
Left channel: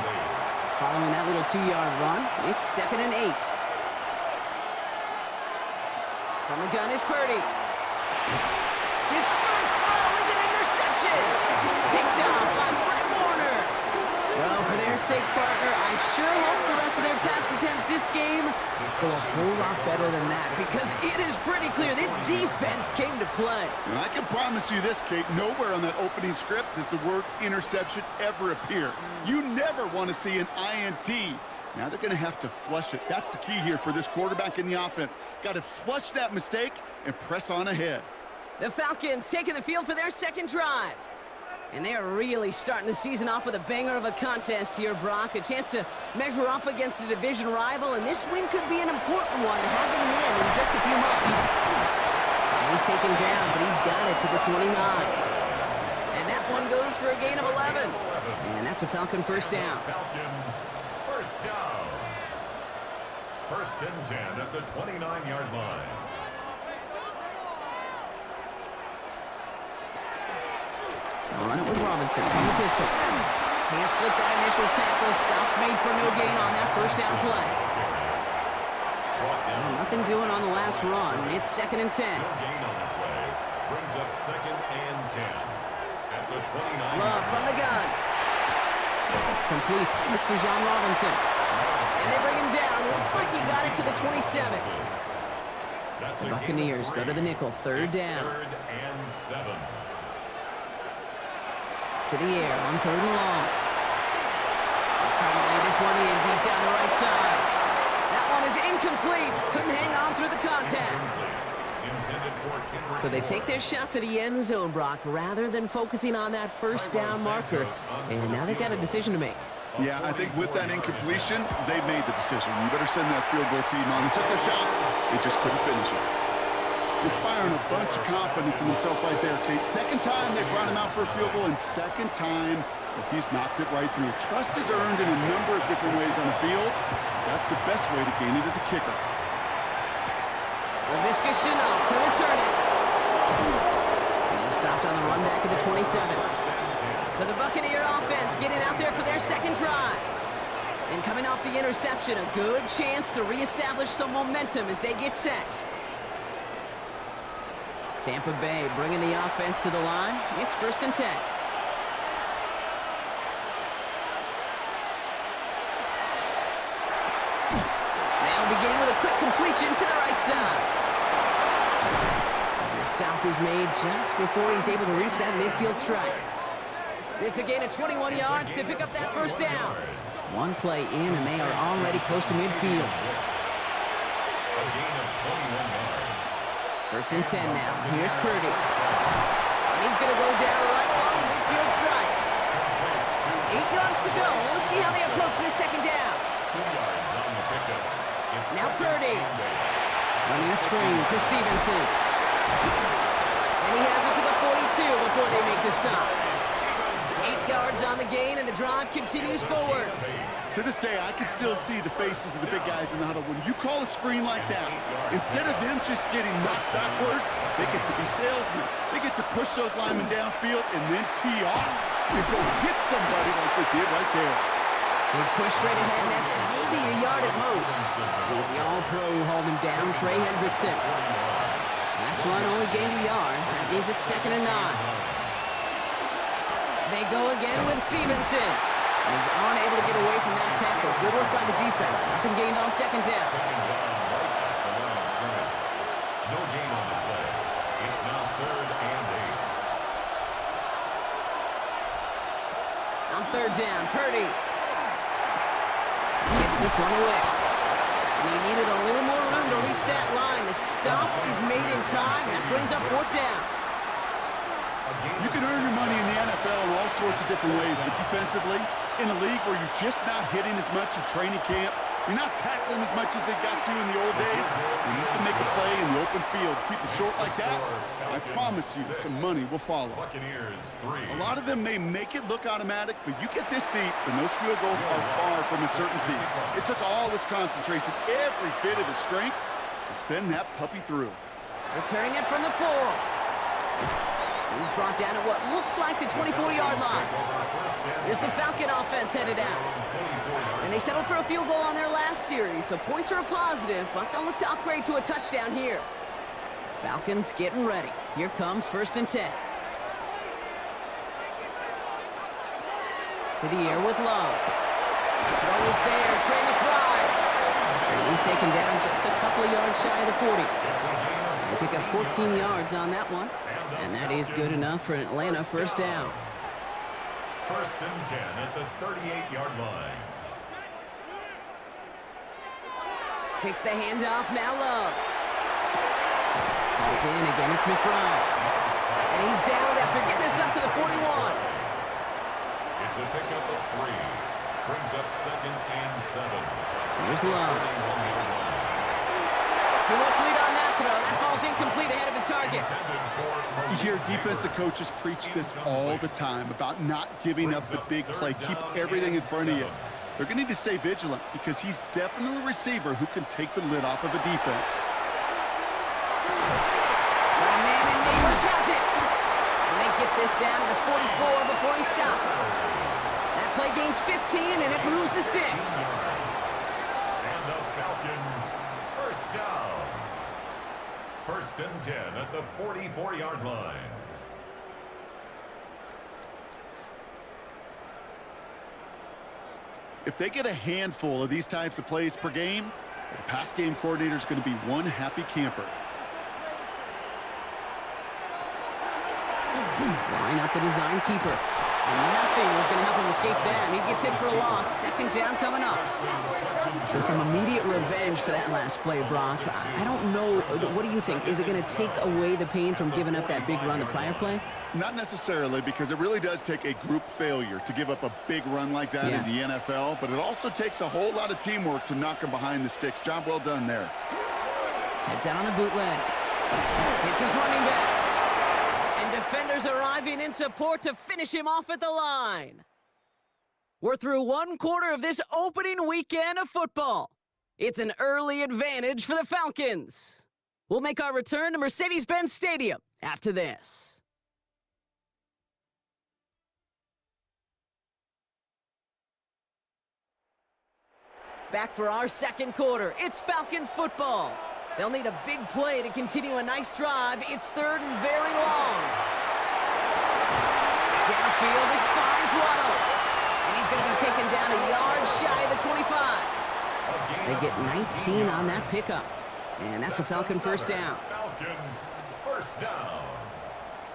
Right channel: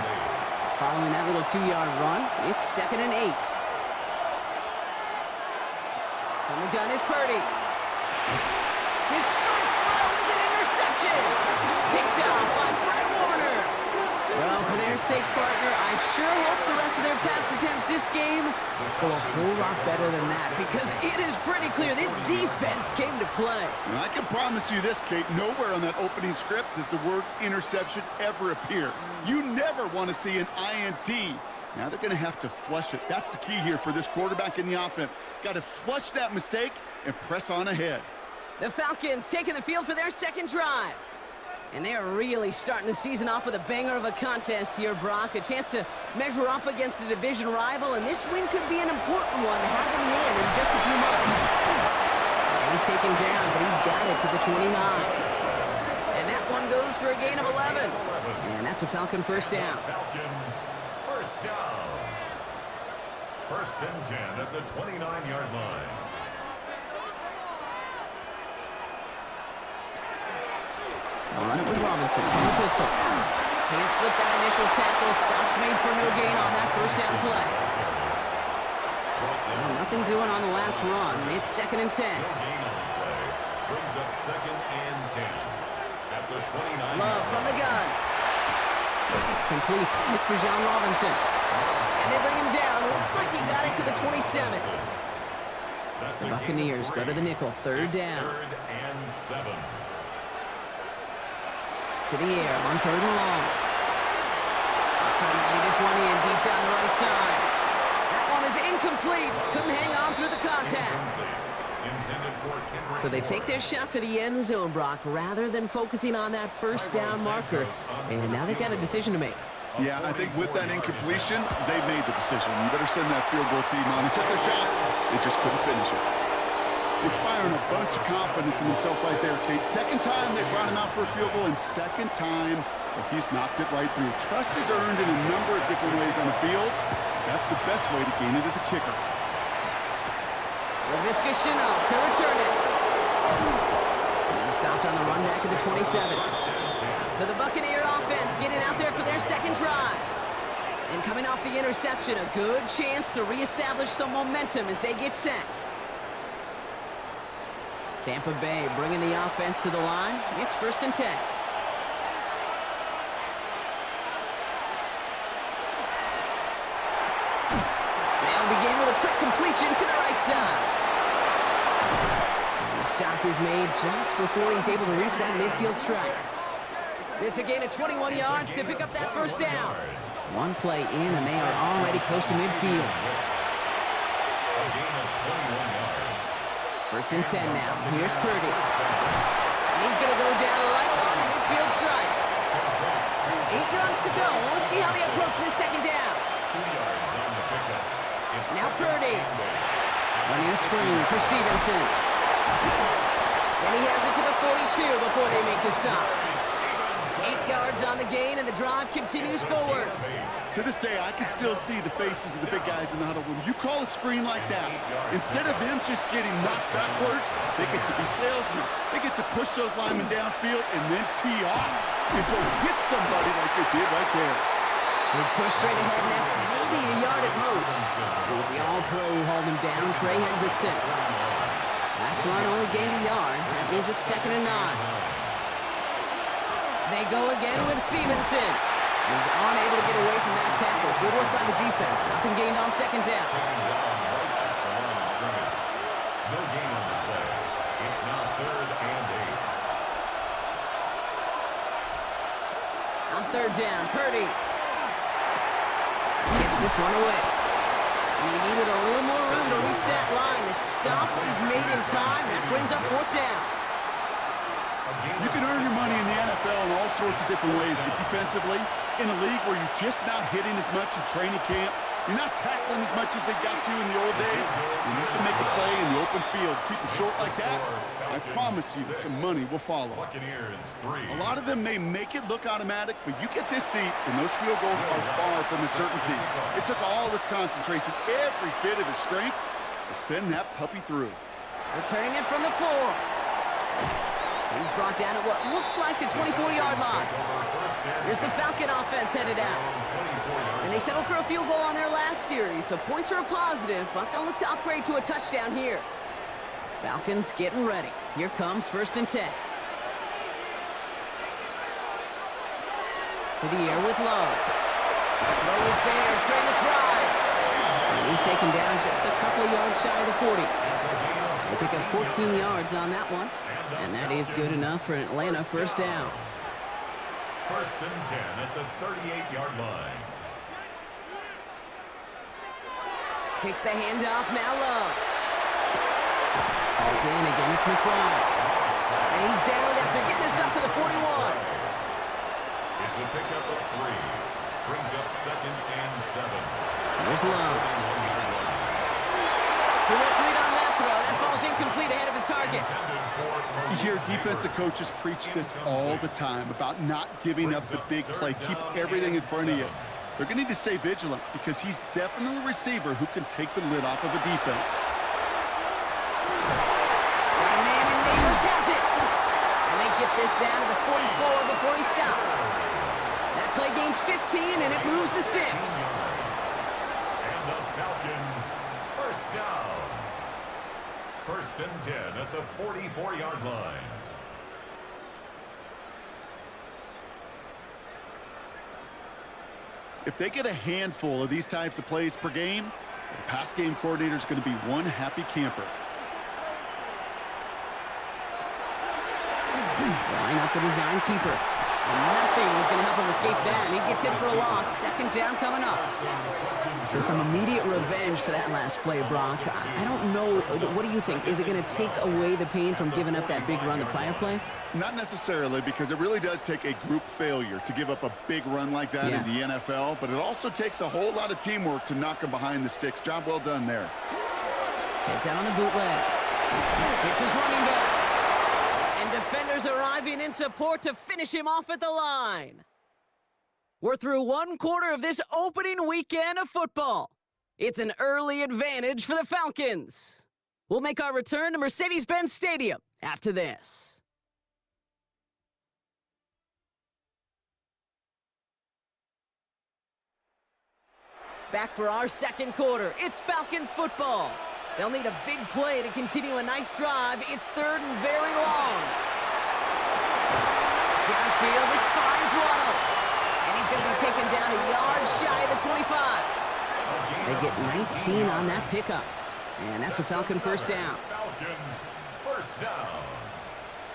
Following that little 2-yard run, it's 2nd and 8. From the gun is Purdy. His first throw is an interception. Picked off by Fred Warner. Well, for their sake, partner, I sure hope the rest of their pass attempts this game go a whole lot better than that, because it is pretty clear this defense came to play. And I can promise you this, Kate, nowhere on that opening script does the word interception ever appear. You never want to see an INT. Now they're going to have to flush it. That's the key here for this quarterback in the offense. Got to flush that mistake and press on ahead. The Falcons taking the field for their second drive. And they are really starting the season off with a banger of a contest here, Brock. A chance to measure up against a division rival, and this win could be an important one to have in hand in just a few months. And he's taken down, but he's got it to the 29. And that one goes for a gain of 11. And that's a Falcon first down. Falcons first down. 1st and 10 at the 29-yard line. They'll run it with Robinson from the pistol. Can't slip that initial tackle. Stops made for no gain on that first down play. Well, nothing doing on the last run. It's 2nd and 10. No gain on the play. Brings up 2nd and 10 at the 29. Love from the gun. Complete. It's for Jawan Robinson. And they bring him down. Looks like he got it to the 27. The Buccaneers go to the nickel. 3rd down. 3rd and 7. To the air on 3rd and long. He's trying to lay this one in deep down the right side. That one is incomplete. Couldn't hang on through the contact. So they take their shot for the end zone, Brock, rather than focusing on that first down marker. And now they've got a decision to make. Yeah, I think with that incompletion, they made the decision. You better send that field goal team on. They took their shot. They just couldn't finish it. Inspiring a bunch of confidence in himself right there, Kate. 2nd time they brought him out for a field goal, and 2nd time, well, he's knocked it right through. Trust is earned in a number of different ways on the field. That's the best way to gain it as a kicker. Laviska Shenault to return it. He stopped on the run back at the 27. So the Buccaneer offense getting out there for their second drive. And coming off the interception, a good chance to reestablish some momentum as they get set. Tampa Bay bringing the offense to the line. It's 1st and 10. They'll begin with a quick completion to the right side. And the stop is made just before he's able to reach that midfield strike. It's a gain of 21 yards to pick up that first down. One play in, and they are already close to midfield. A gain of 21 yards. 1st and 10 now. Here's Purdy. And he's going to go down right along the midfield strike. 8 yards to go. Let's see how they approach this second down. 2 yards on the pickup. Now Purdy. Running a screen for Stevenson. And he has it to the 42 before they make the stop. 8 yards on the gain, and the drive continues forward. To this day, I can still see the faces of the big guys in the huddle. When you call a screen like that, instead of them just getting knocked backwards, they get to be salesmen. They get to push those linemen downfield and then tee off and go hit somebody like they did right there. He's pushed straight ahead, and that's maybe a yard at most. It was the All-Pro who hauled him down, Trey Hendrickson. Last run only gained a yard. That means it's 2nd and 9. They go again with Stevenson. He's unable to get away from that tackle. Good work by the defense. Nothing gained on second down. Second down right at the line of scrimmage. No gain on the play. It's now 3rd and 8. On third down, Purdy gets this one to Wicks. And he needed a little more room to reach that line. The stop is made in time. That brings up 4th down. You can earn your money in the NFL in all sorts of different ways, but defensively, in a league where you're just not hitting as much in training camp, you're not tackling as much as they got to in the old days, you need to make a play in the open field. Keep them short like that, I promise you some money will follow. Buccaneers 3. A lot of them may make it look automatic, but you get this deep, and those field goals are far from a certainty. It took all his concentration, every bit of his strength, to send that puppy through. Returning it from the 4. He's brought down at what looks like the 24-yard line. Here's the Falcon offense headed out. And they settled for a field goal on their last series, so points are a positive, but they'll look to upgrade to a touchdown here. Falcons getting ready. Here comes 1st and 10. To the air with Love. Throw is there, Trey McBride. And he's taken down just a couple of yards shy of the 40. They pick up 14 yards on that one. And that is good enough for an Atlanta 1st down. 1st and 10 at the 38-yard line. Kicks the handoff, now Love. Hauled in, again it's McBride. And he's down after getting this up to the 41. It's a pickup of 3. Brings up 2nd and 7. Here's Love. Too much lead on that throw. That falls incomplete ahead of his target. You hear defensive coaches preach this all the time about not giving up the big play. Keep everything in front of you. They're going to need to stay vigilant because he's definitely a receiver who can take the lid off of a defense. Got a man, and Neighbors has it. And they get this down to the 44 before he stopped. That play gains 15, and it moves the sticks. And the Falcons, 1st down. 1st and 10 at the 44-yard line. If they get a handful of these types of plays per game, the pass game coordinator is going to be one happy camper. Drawing up the design keeper. And nothing was going to help him escape that. And he gets hit for a loss. 2nd down coming up. So some immediate revenge for that last play, Brock. I don't know. What do you think? Is it going to take away the pain from giving up that big run the prior play? Not necessarily, because it really does take a group failure to give up a big run like that in the NFL. But it also takes a whole lot of teamwork to knock him behind the sticks. Job well done there. Heads out on the bootleg. Hits his running back. And defenders arriving in support to finish him off at the line. We're through 1/4 of this opening weekend of football. It's an early advantage for the Falcons. We'll make our return to Mercedes-Benz Stadium after this. Back for our 2nd quarter. It's Falcons football. They'll need a big play to continue a nice drive. It's 3rd and very long. Downfield, this finds Waddle. And he's going to be taken down a yard shy of the 25. They get 19 on that pickup. And that's a Falcon 1st down. Falcons, 1st down.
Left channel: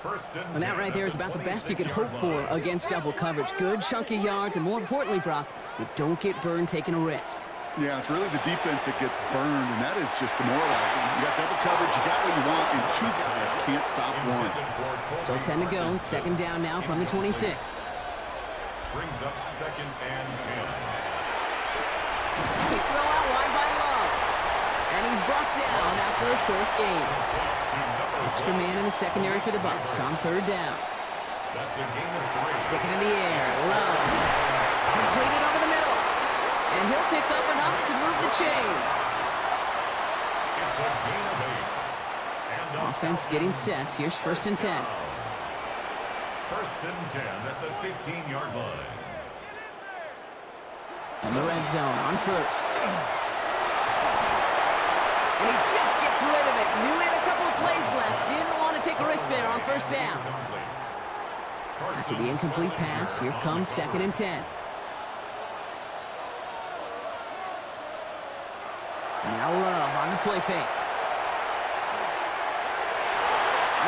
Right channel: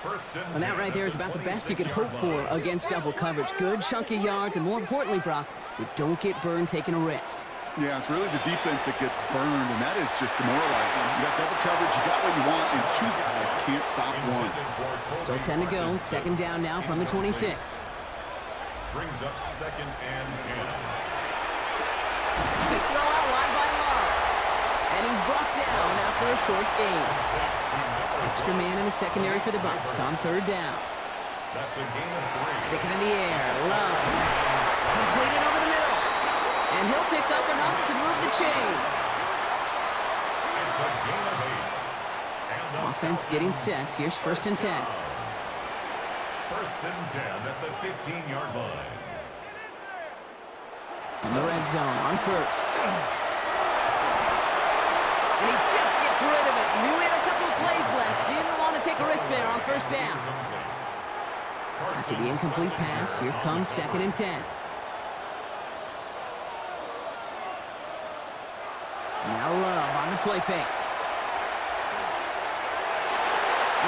1st and 10. And that right there is about the best you could hope for against double coverage. Good chunky yards, and more importantly, Brock, you don't get burned taking a risk. Yeah, it's really the defense that gets burned, and that is just demoralizing. You got double coverage, you got what you want, and 2 guys can't stop one. Still 10 to go. 2nd down now from the 26. Brings up 2nd and 10. Big throw out wide by Love. And he's brought down after a short gain. Extra man in the secondary for the Bucs on 3rd down. That's a gain of 3. Sticking in the air. Love. Completed over the middle. And he'll pick up enough to move the chains. It's a gain of 8. And Offense getting set. Here's 1st and 10. 1st and 10 at the 15-yard line. On the red zone on 1st. And he just gets rid of it. Knew he had a couple of plays left. Didn't want to take a risk there on 1st down. After the incomplete pass, here comes 2nd and 10. Now Love on the play fake.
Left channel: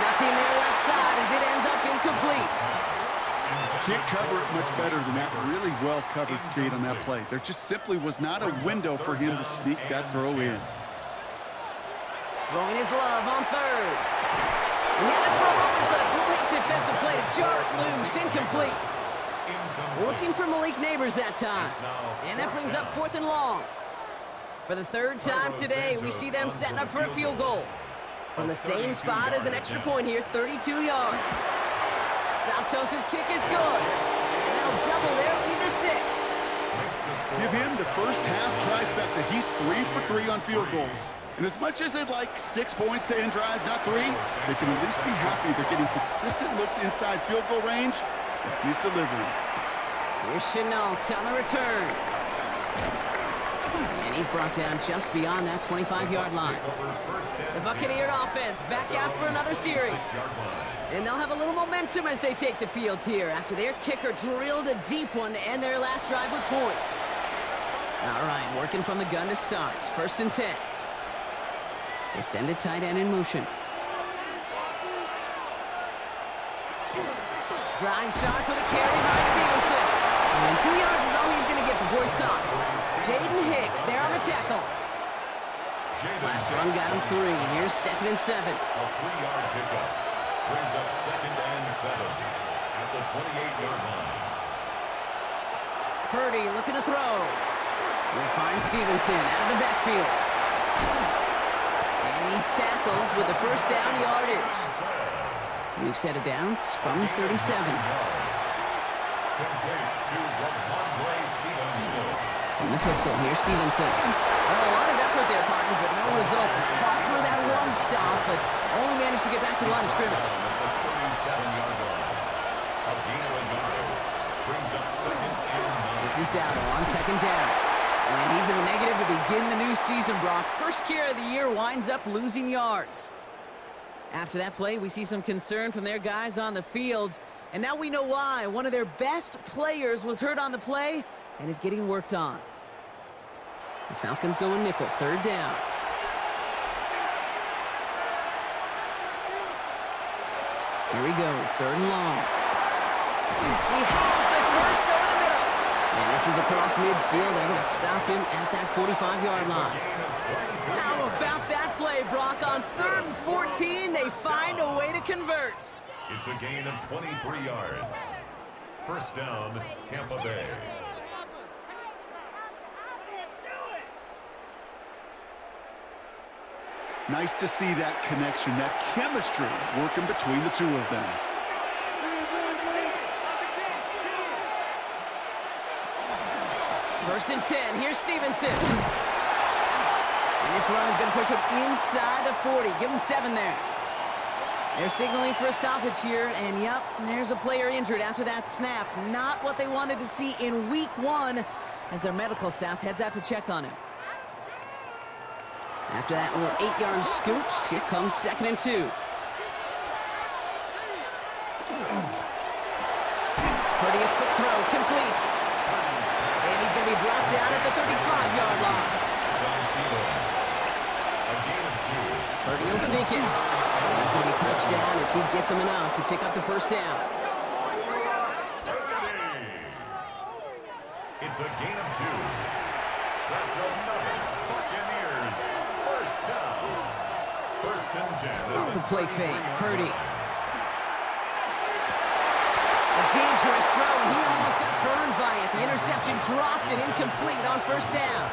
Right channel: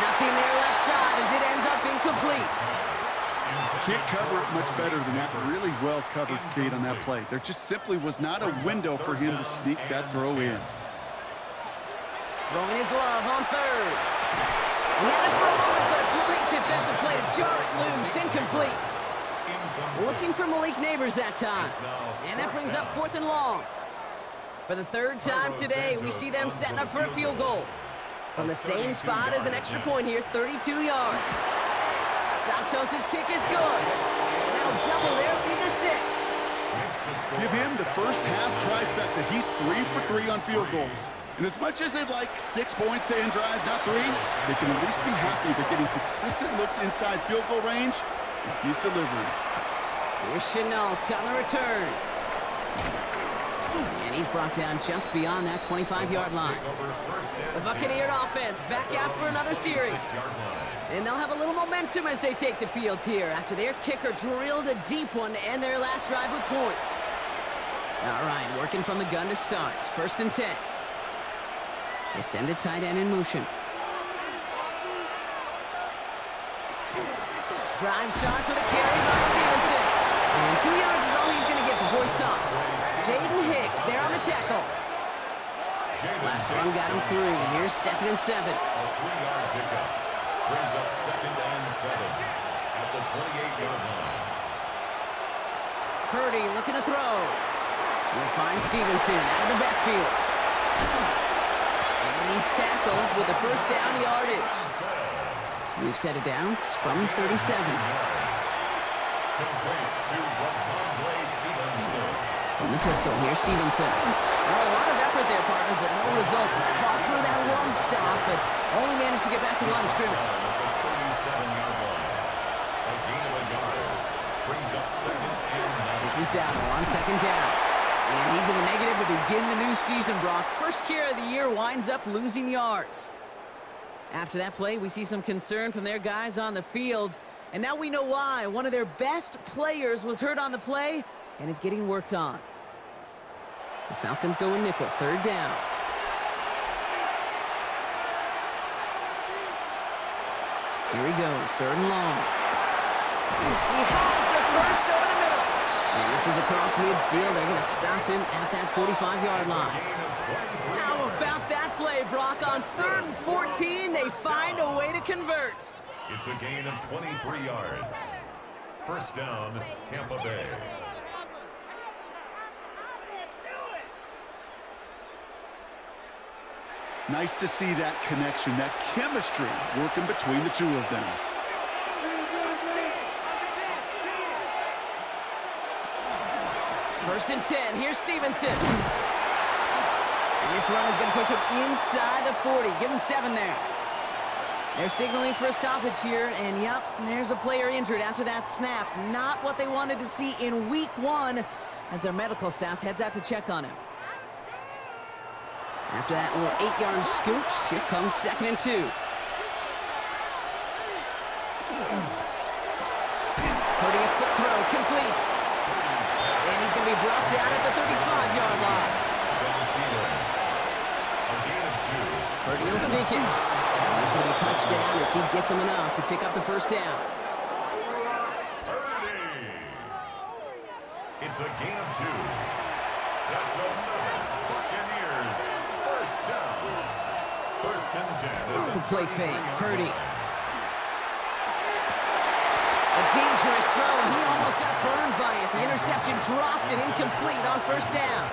Nothing there left side as it ends up incomplete. Can't cover it much better than that. Really well covered, Kate, on that play. There just simply was not a window for him to sneak that throw in. Throwing his Love on 3rd. He had it for a moment, but a great defensive play to jar it loose. Incomplete. Looking for Malik Neighbors that time. And that brings up 4th and long. For the 3rd time today, we see them setting up for a field goal. From the same spot as an extra point here, 32 yards. Santos' kick is good. And that'll double their lead to 6. Give him the first half trifecta. He's 3 for 3 on field goals. And as much as they'd like 6 points to end drives, not 3, they can at least be happy they're getting consistent looks inside field goal range, and he's delivering. Here's Chenault on the return. And he's brought down just beyond that 25-yard line. The Buccaneer offense back out for another series. And they'll have a little momentum as they take the field here after their kicker drilled a deep one to end their last drive with points. All right, working from the gun to start. 1st and 10. They send a tight end in motion. Drive starts with a carry by Stevenson. And 2 yards is all he's going to get before he's caught. Jaden Hicks there on the tackle. Last run got him 3. Here's 2nd and 7. A 3-yard pickup brings up 2nd and 7 at the 28-yard line. Purdy looking to throw. We'll find Stevenson out of the backfield. And he's tackled with the first down yardage. We've set it down from 37. In the pistol, here's Stevenson. Well, a lot of effort there, partner, but no results. He fought through that one stop, but only managed to get back to the line of scrimmage. This is Darnold on 2nd down. And he's in the negative to begin the new season, Brock. First carry of the year winds up losing yards. After that play, we see some concern from their guys on the field. And now we know why. One of their best players was hurt on the play and is getting worked on. The Falcons go in nickel, 3rd down. Here he goes, 3rd and long. He has the first over the middle. And this is across midfield. They're going to stop him at that 45-yard line. How about that play, Brock? On 3rd and 14, they find a way to convert. It's a gain of 23 yards. 1st down, Tampa Bay. Nice to see that connection, that chemistry working between the 2 of them. First and 10. Here's Stevenson. And this run is going to push him inside the 40. Give him 7 there. They're signaling for a stoppage here, and yep, there's a player injured after that snap. Not what they wanted to see in week 1 as their medical staff heads out to check on him. After that little 8-yard scoot, here comes 2nd and 2. Purdy, a quick throw, complete. And he's going to be brought down at the 35-yard line. Purdy will sneak it. And he's going to be touched down as he gets him enough to pick up the 1st down. It's a gain of 2. That's another Buccaneers 1st down. 1st and 10. Off the play fake, Purdy. A dangerous throw, and he almost got burned by it. The interception dropped and incomplete on 1st down.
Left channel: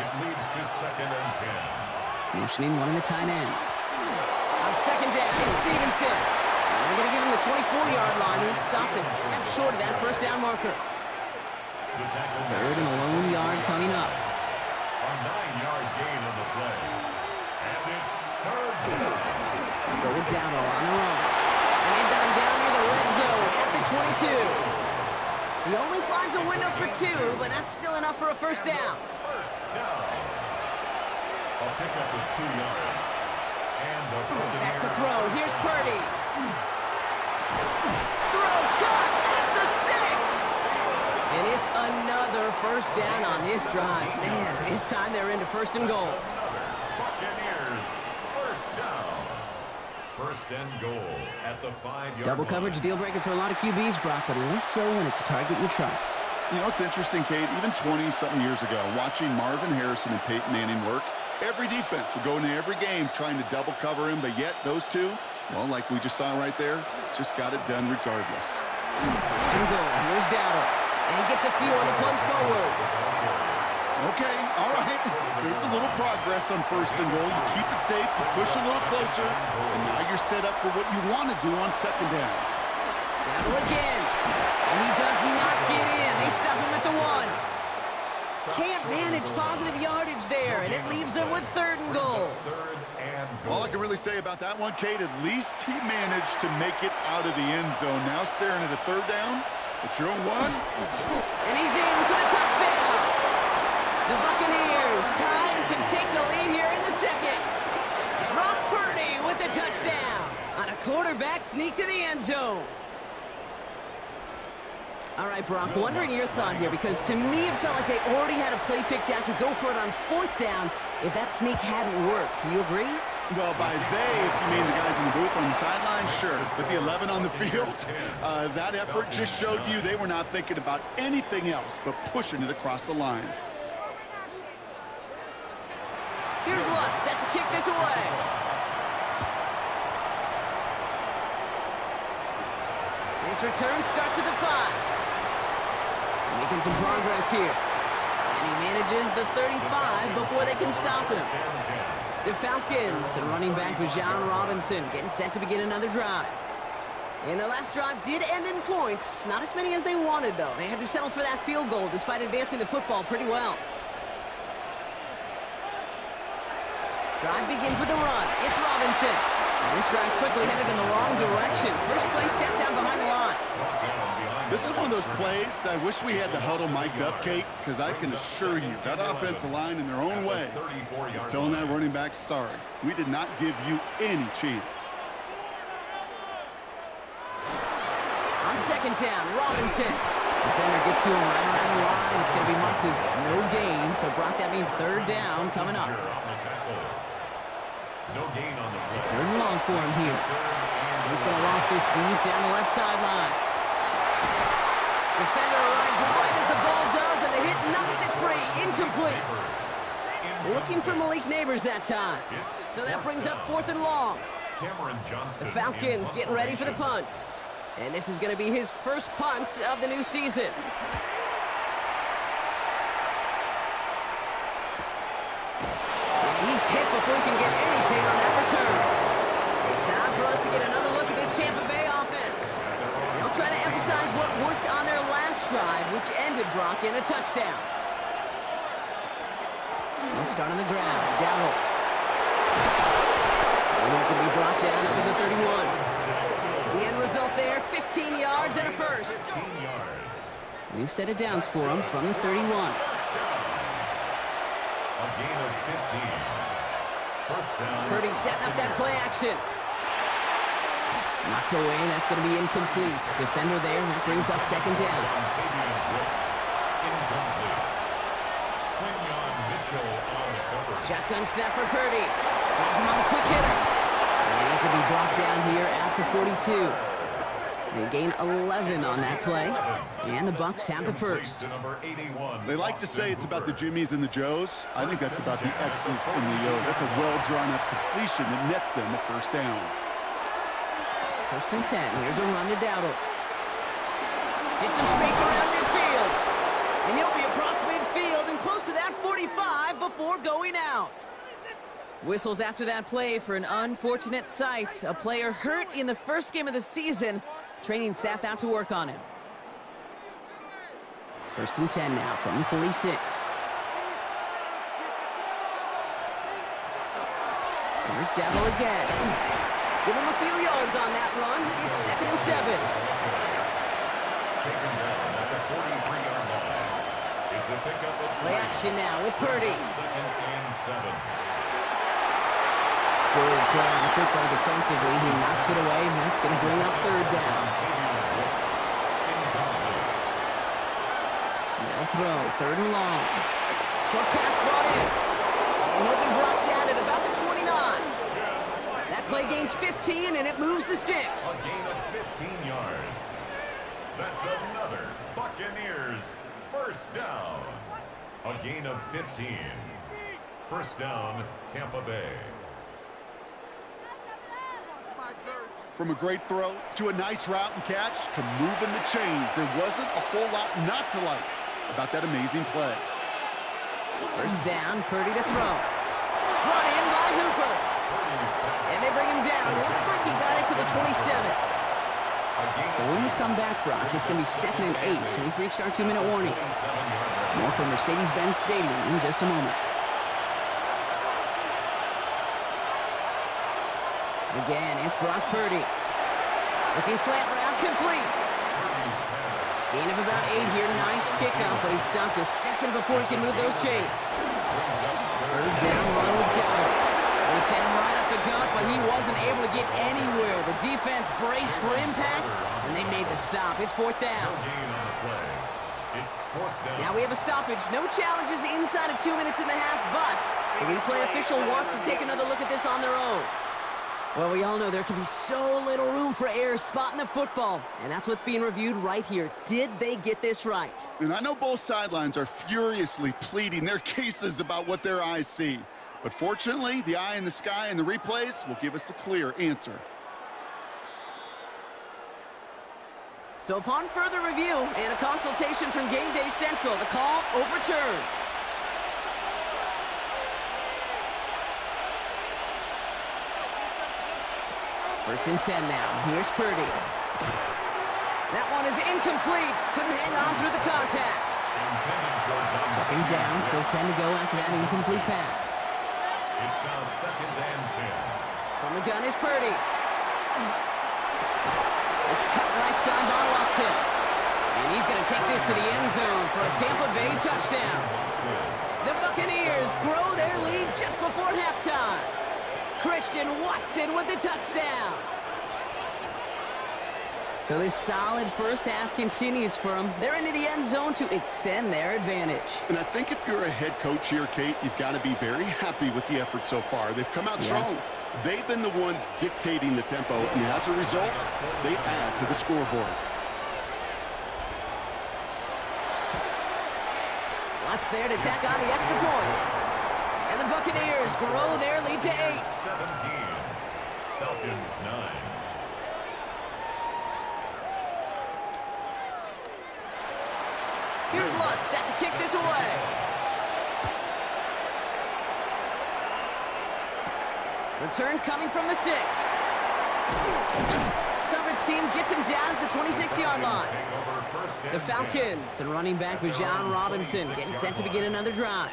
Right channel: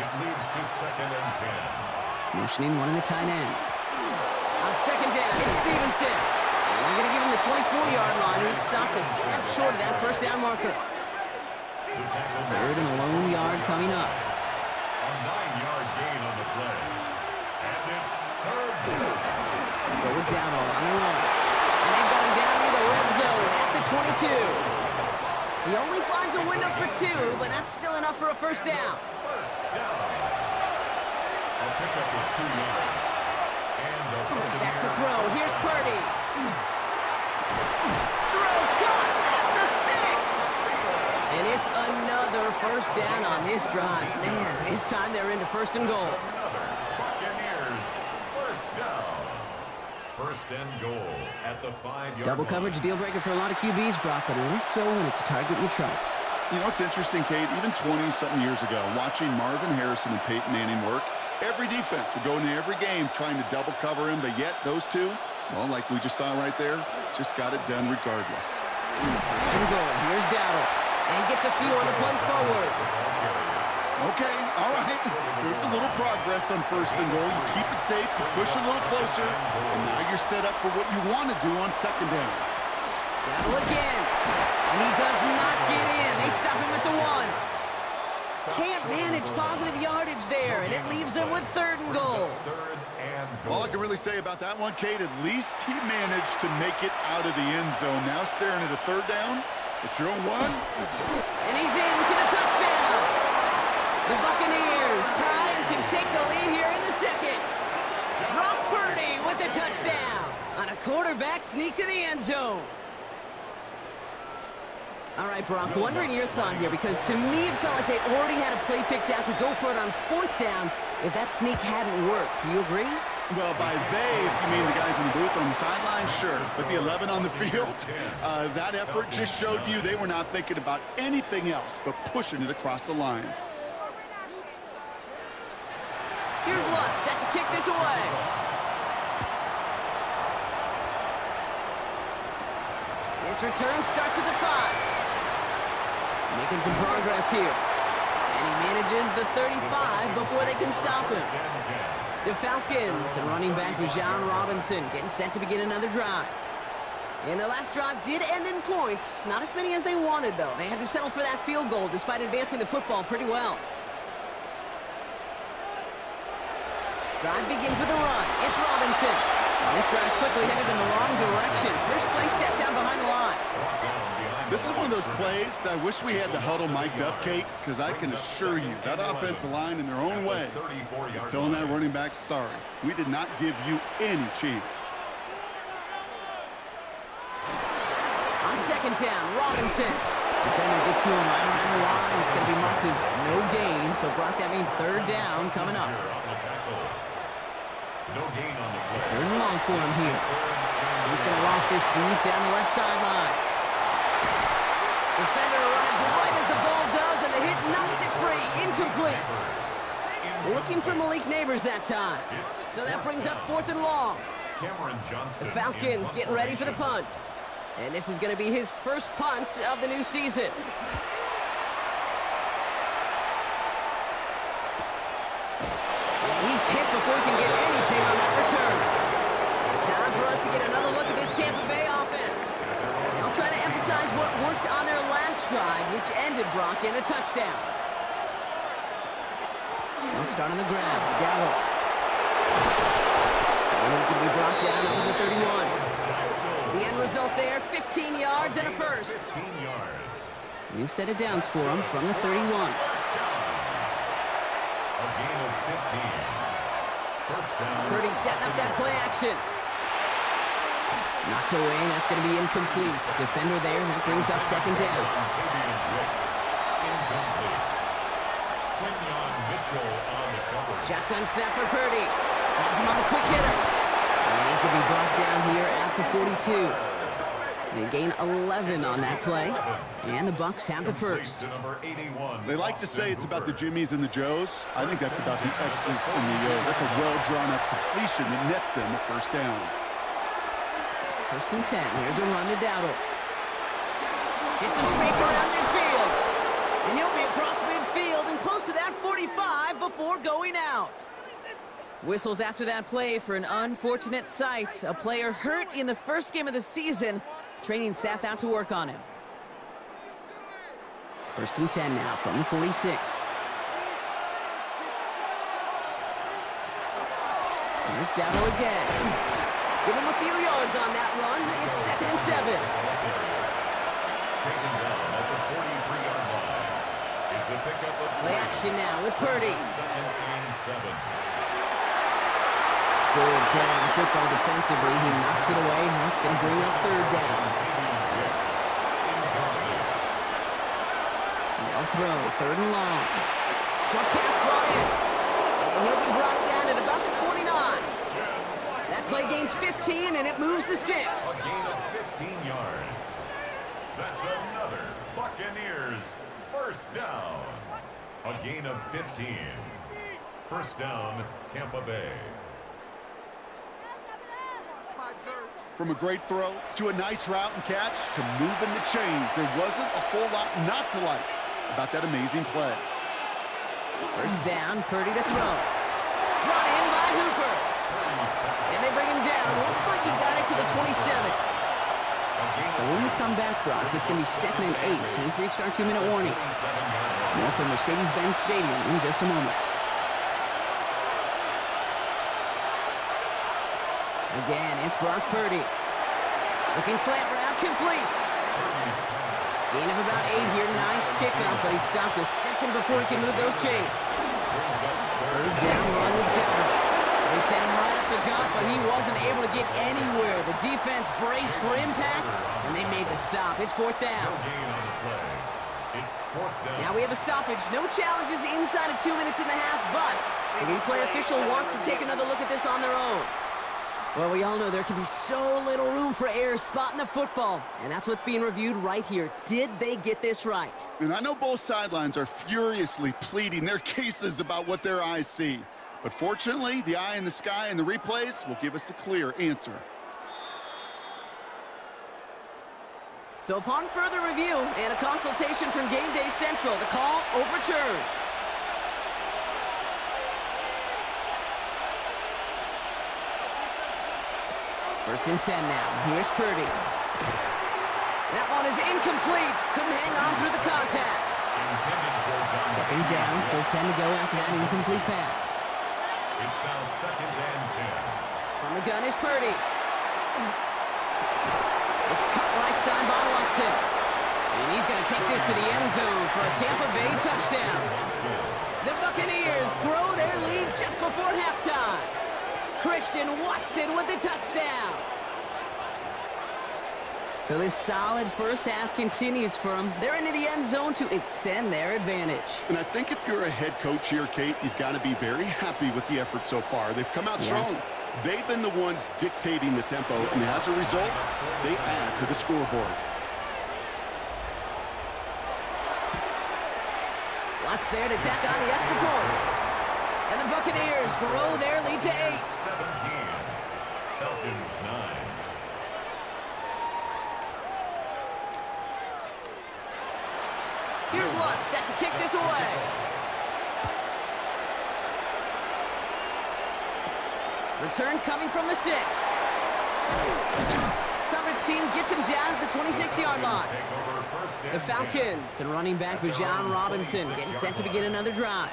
It leads to 2nd and 10. Motioning one of the tight ends. On 2nd down, it's Stevenson. And they're going to give him the 24-yard line. He's stopped a step short of that 1st down marker. 3rd and a lone yard coming up. A 9-yard gain on the play. And it's 3rd down. Go with Darnold on the run. And they've got him down near the red zone at the 22. He only finds a window for 2, but that's still enough for a 1st down. 1st down. A pickup of 2 yards. And a Back to throw. Here's Purdy. gets another first down on this drive. Man, this time they're into first and goal. Another Buccaneers first down. First and goal at the 5-yard Double line. coverage deal breaker for a lot of QBs, Brock, but less so when it's a target you trust. You know, it's interesting, Kate, even 20-something years ago, watching Marvin Harrison and Peyton Manning work, every defense would go into every game trying to double cover him, but yet those two, well, like we just saw right there, just got it done regardless. First and goal. Here's Darnold. And he gets a few on the plunge forward. Okay, all right. There's a little progress on first and goal. You keep it safe, you push a little closer, and now you're set up for what you want to do on second down. Darnold again. And he does not get in. They stop him at the 1. Can't manage positive yardage there, and it leaves them with third and goal. All I can really say about that one, Kate, at least he managed to make it out of the end zone. Now staring at a third down. It's your own 1. And he's in for the touchdown. The Buccaneers tie and can take the lead here in the second. Brock Purdy with the touchdown on a quarterback sneak to the end zone. All right, Brock, wondering your thought here, because to me it felt like they already had a play picked out to go for it on fourth down if that sneak hadn't worked. Do you agree? Well, by they, if you mean the guys in the booth on the sideline, sure. But the 11 on the field, that effort just showed you they were not thinking about anything else but pushing it across the line. Here's Lutz, set to kick this away. This return starts at the 5. Making some progress here. And he manages the 35 before they can stop him. The Falcons and running back Jauan Robinson getting set to begin another drive. And their last drive did end in points. Not as many as they wanted, though. They had to settle for that field goal despite advancing the football pretty well. Drive begins with a run. It's Robinson. And this drive's quickly headed in the wrong direction. First play set down behind the line. This is one of those plays that I wish we had the huddle mic'd up, Kate, because I can assure you that offensive line in their own way is telling that running back, sorry, we did not give you any chance. On second down, Robinson. Defender gets to him right around the line. It's going to be marked as no gain. So, Brock, that means third down coming up. No gain on the play. Third and long for him here. He's going to loft this deep down the left sideline. Defender arrives right as the ball does, and the hit knocks it free. Incomplete. Looking for Malik Neighbors that time. So that brings up fourth and long. The Falcons getting ready for the punt. And this is going to be his first punt of the new season. And he's hit before he can get anything on that return. Time for us to get another look at this Tampa Bay offense. They'll try to emphasize what worked on their last drive, which ended, Brock, in a touchdown. They'll start on the ground. Darnold. And he's going to be brought down up to the 31. The end result there, 15 yards and a first. We've set it downs for him from the 31. A gain of 15. First down. Purdy setting up that play action. Knocked away, that's going to be incomplete. Defender there, that brings up second down. Shotgun snap for Purdy. Has him on a quick hitter. And he's going to be brought down here at the 42. They gain 11 on that play. And the Bucs have the first. They like to say it's about the Jimmies and the Joes. I think that's about the X's and the O's. That's a well-drawn-up completion that nets them the first down. First and 10. Here's a run to Darnold. Hit some space around midfield. And he'll be across midfield and close to that 45 before going out. Whistles after that play for an unfortunate sight. A player hurt in the first game of the season. Training staff out to work on him. First and 10 now from the 46. Here's Darnold again. Give him a few yards on that run. It's second and 7. Taken down at the 43-yard line. It's a pickup of Play action now with Purdy. Second and 7. Good play on the football defensively. He knocks it away, and that's going to bring up third down. They'll throw. 3rd and long. Short pass brought in. And he'll be brought down at about the 29. That play gains 15, and it moves the sticks. A gain of 15 yards. That's another Buccaneers first down. A gain of 15. First down, Tampa Bay. From a great throw to a nice route and catch to moving the chains, there wasn't a whole lot not to like about that amazing play. First down, Purdy to throw. Brought in by Hooper. And they bring him down. Looks like he got it to the 27. So when we come back, Brock, it's going to be 2nd and 8. So we've reached our 2-minute warning. More from Mercedes-Benz Stadium in just a moment. Again, it's Brock Purdy. Looking slant route, complete. Gain of about 8 here. Nice pickup, but he stopped a second before he can move those chains. 3rd down run with Darnold. They sent him right up the gut, but he wasn't able to get anywhere. The defense braced for impact, and they made the stop. It's 4th down. Now we have a stoppage. No challenges inside of 2 minutes and a half, but the replay official wants to take another look at this on their own. Well, we all know there can be so little room for error spotting the football, and that's what's being reviewed right here. Did they get this right? And I know both sidelines are furiously pleading their cases about what their eyes see. But fortunately, the eye in the sky and the replays will give us a clear answer. So upon further review and a consultation from Game Day Central, the call overturned. First and 10 now. Here's Purdy. That one is incomplete. Couldn't hang on through the contact. 2nd down. Still 10 to go after that incomplete pass. It's now 2nd and 10. From the gun is Purdy. It's cut right side by Watson. And he's going to take this to the end zone for a Tampa Bay touchdown. The Buccaneers grow their lead just before halftime. Christian Watson with the touchdown. So this solid first half continues for them. They're into the end zone to extend their advantage. And I think if you're a head coach here, Kate, you've got to be very happy with the effort so far. They've come out strong. They've been the ones dictating the tempo, and as a result, they add to the scoreboard. Watts there to tack on the extra point. And the Buccaneers grow their lead to 8. 17. Falcons 9. Here's Lutz set to kick this away. Return coming from the 6. Coverage team gets him down at the 26-yard line. The Falcons and running back Jauan Robinson getting set to begin another drive.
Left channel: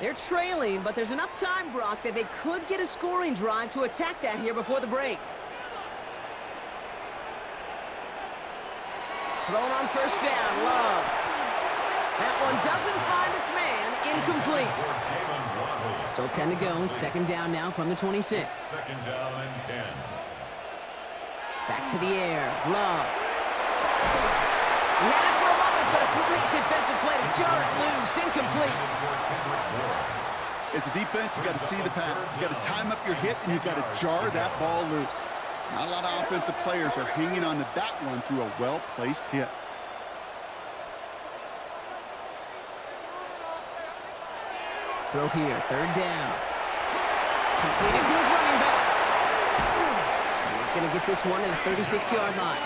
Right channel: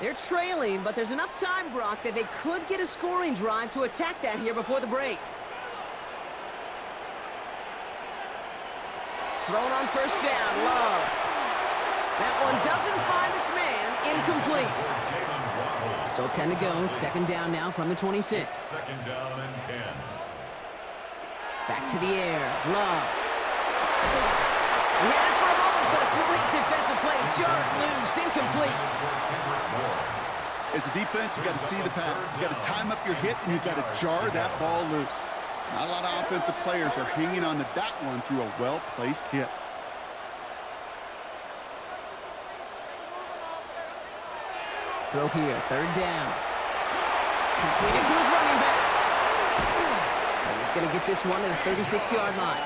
They're trailing, but there's enough time, Brock, that they could get a scoring drive to attack that here before the break. Thrown on first down, Love. That one doesn't find its man, incomplete. Still 10 to go, 2nd down now from the 26. 2nd down and 10. Back to the air, Love. He had it for a moment, but a great defensive play to jar it loose, incomplete. As a defense, you got to see the pass. You got to time up your hit, and you got to jar that ball loose. Not a lot of offensive players are hanging on to that one through a well-placed hit. Throw here, 3rd down. Completed to his running back. And he's going to get this one to the 36-yard line.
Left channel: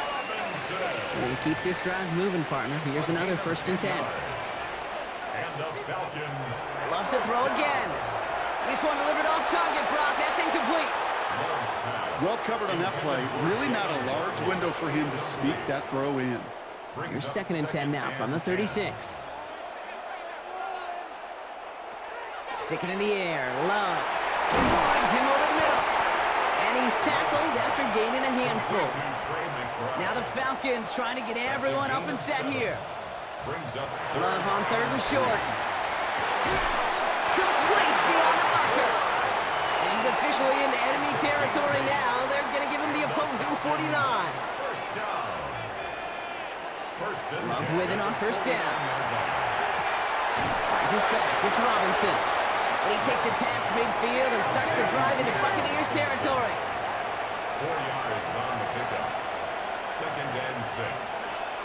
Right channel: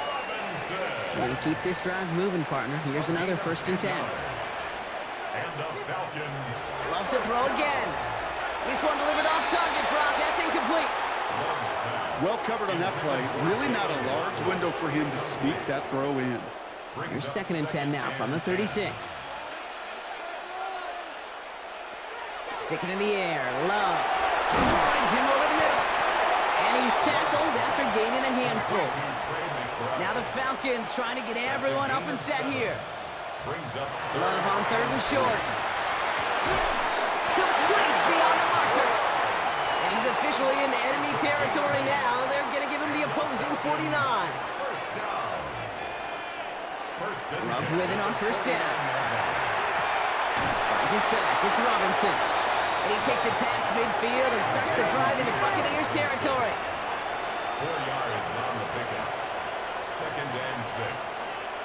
And keep this drive moving, partner. Here's another 1st and 10. And the Falcons. Loves to throw again. This one delivered off target, Brock. That's incomplete. Well covered on that play. Really not a large window for him to sneak that throw in. Here's 2nd and 10 now from the 36. Sticking in the air, Love. Finds him over the middle. And he's tackled after gaining a handful. Now the Falcons trying to get everyone up and set here. Love on 3rd and short. Complete beyond the marker. And he's officially in enemy territory now. They're going to give him the opposing 49. First down. Love with it on 1st down. Finds his back. It's Robinson. And he takes it past midfield and starts the drive into Buccaneers territory. 4 yards on the pickup. 2nd and 6.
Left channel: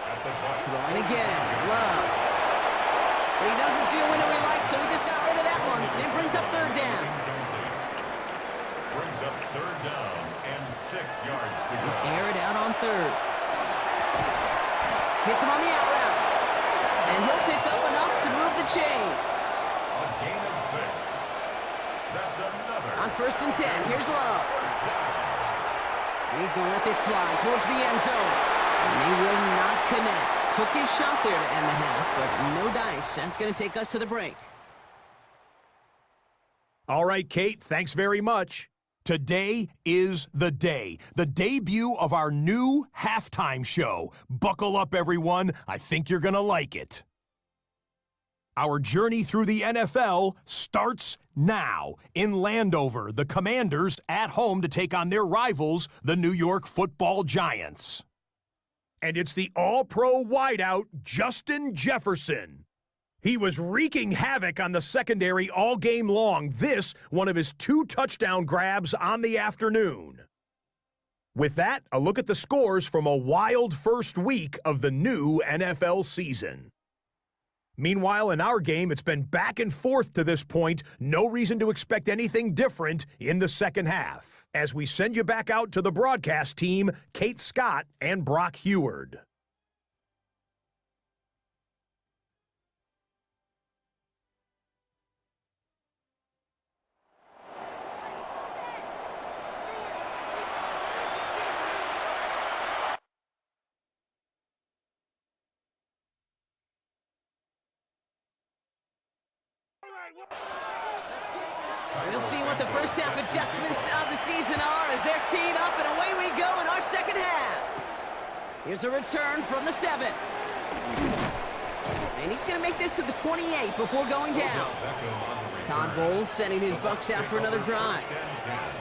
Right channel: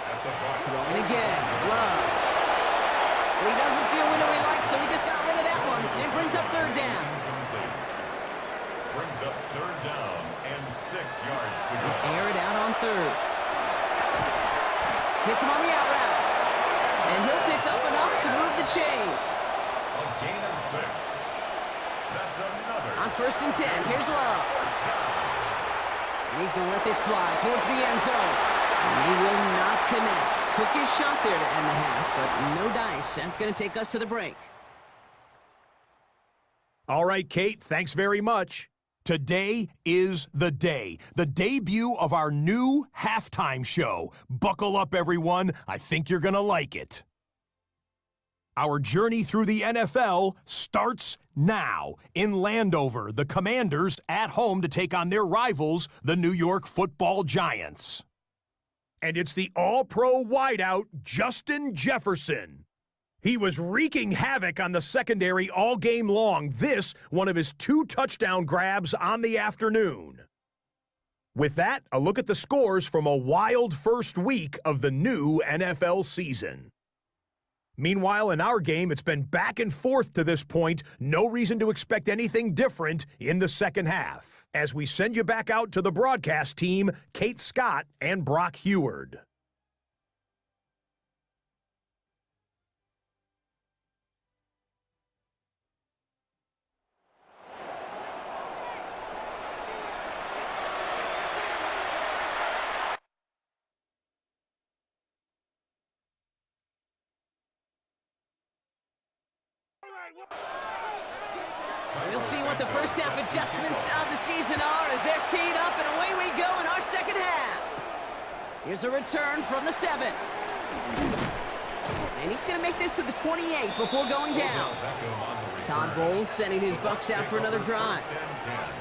At the Bucs. Throwing again. Love. And he doesn't see a window he likes, so he just got rid of that one. And brings up 3rd down. Brings up 3rd down and 6 yards to go. Air it out on 3rd. Hits him on the out route. And he'll pick up enough to move the chains. A gain of 6. That's another. On 1st and 10, here's Love. 1st down. And he's going to let this fly towards the end zone. And they will not connect. Took his shot there to end the half, but no dice. That's going to take us to the break. All right, Kate, thanks very much. Today is the day, the debut of our new halftime show. Buckle up, everyone. I think you're going to like it. Our journey through the NFL starts now. In Landover, the Commanders at home to take on their rivals, the New York Football Giants. And it's the all-pro wideout, Justin Jefferson. He was wreaking havoc on the secondary all game long. This, one of his 2 touchdown grabs on the afternoon. With that, a look at the scores from a wild first week of the new NFL season. Meanwhile, in our game, it's been back and forth to this point. No reason to expect anything different in the second half. As we send you back out to the broadcast team, Kate Scott and Brock Heward. We'll see what the first half adjustments of the season are as they're teed up, and away we go in our second half. Here's a return from the 7. And he's going to make this to the 28 before going down. Todd Bowles sending his Bucs out for another drive.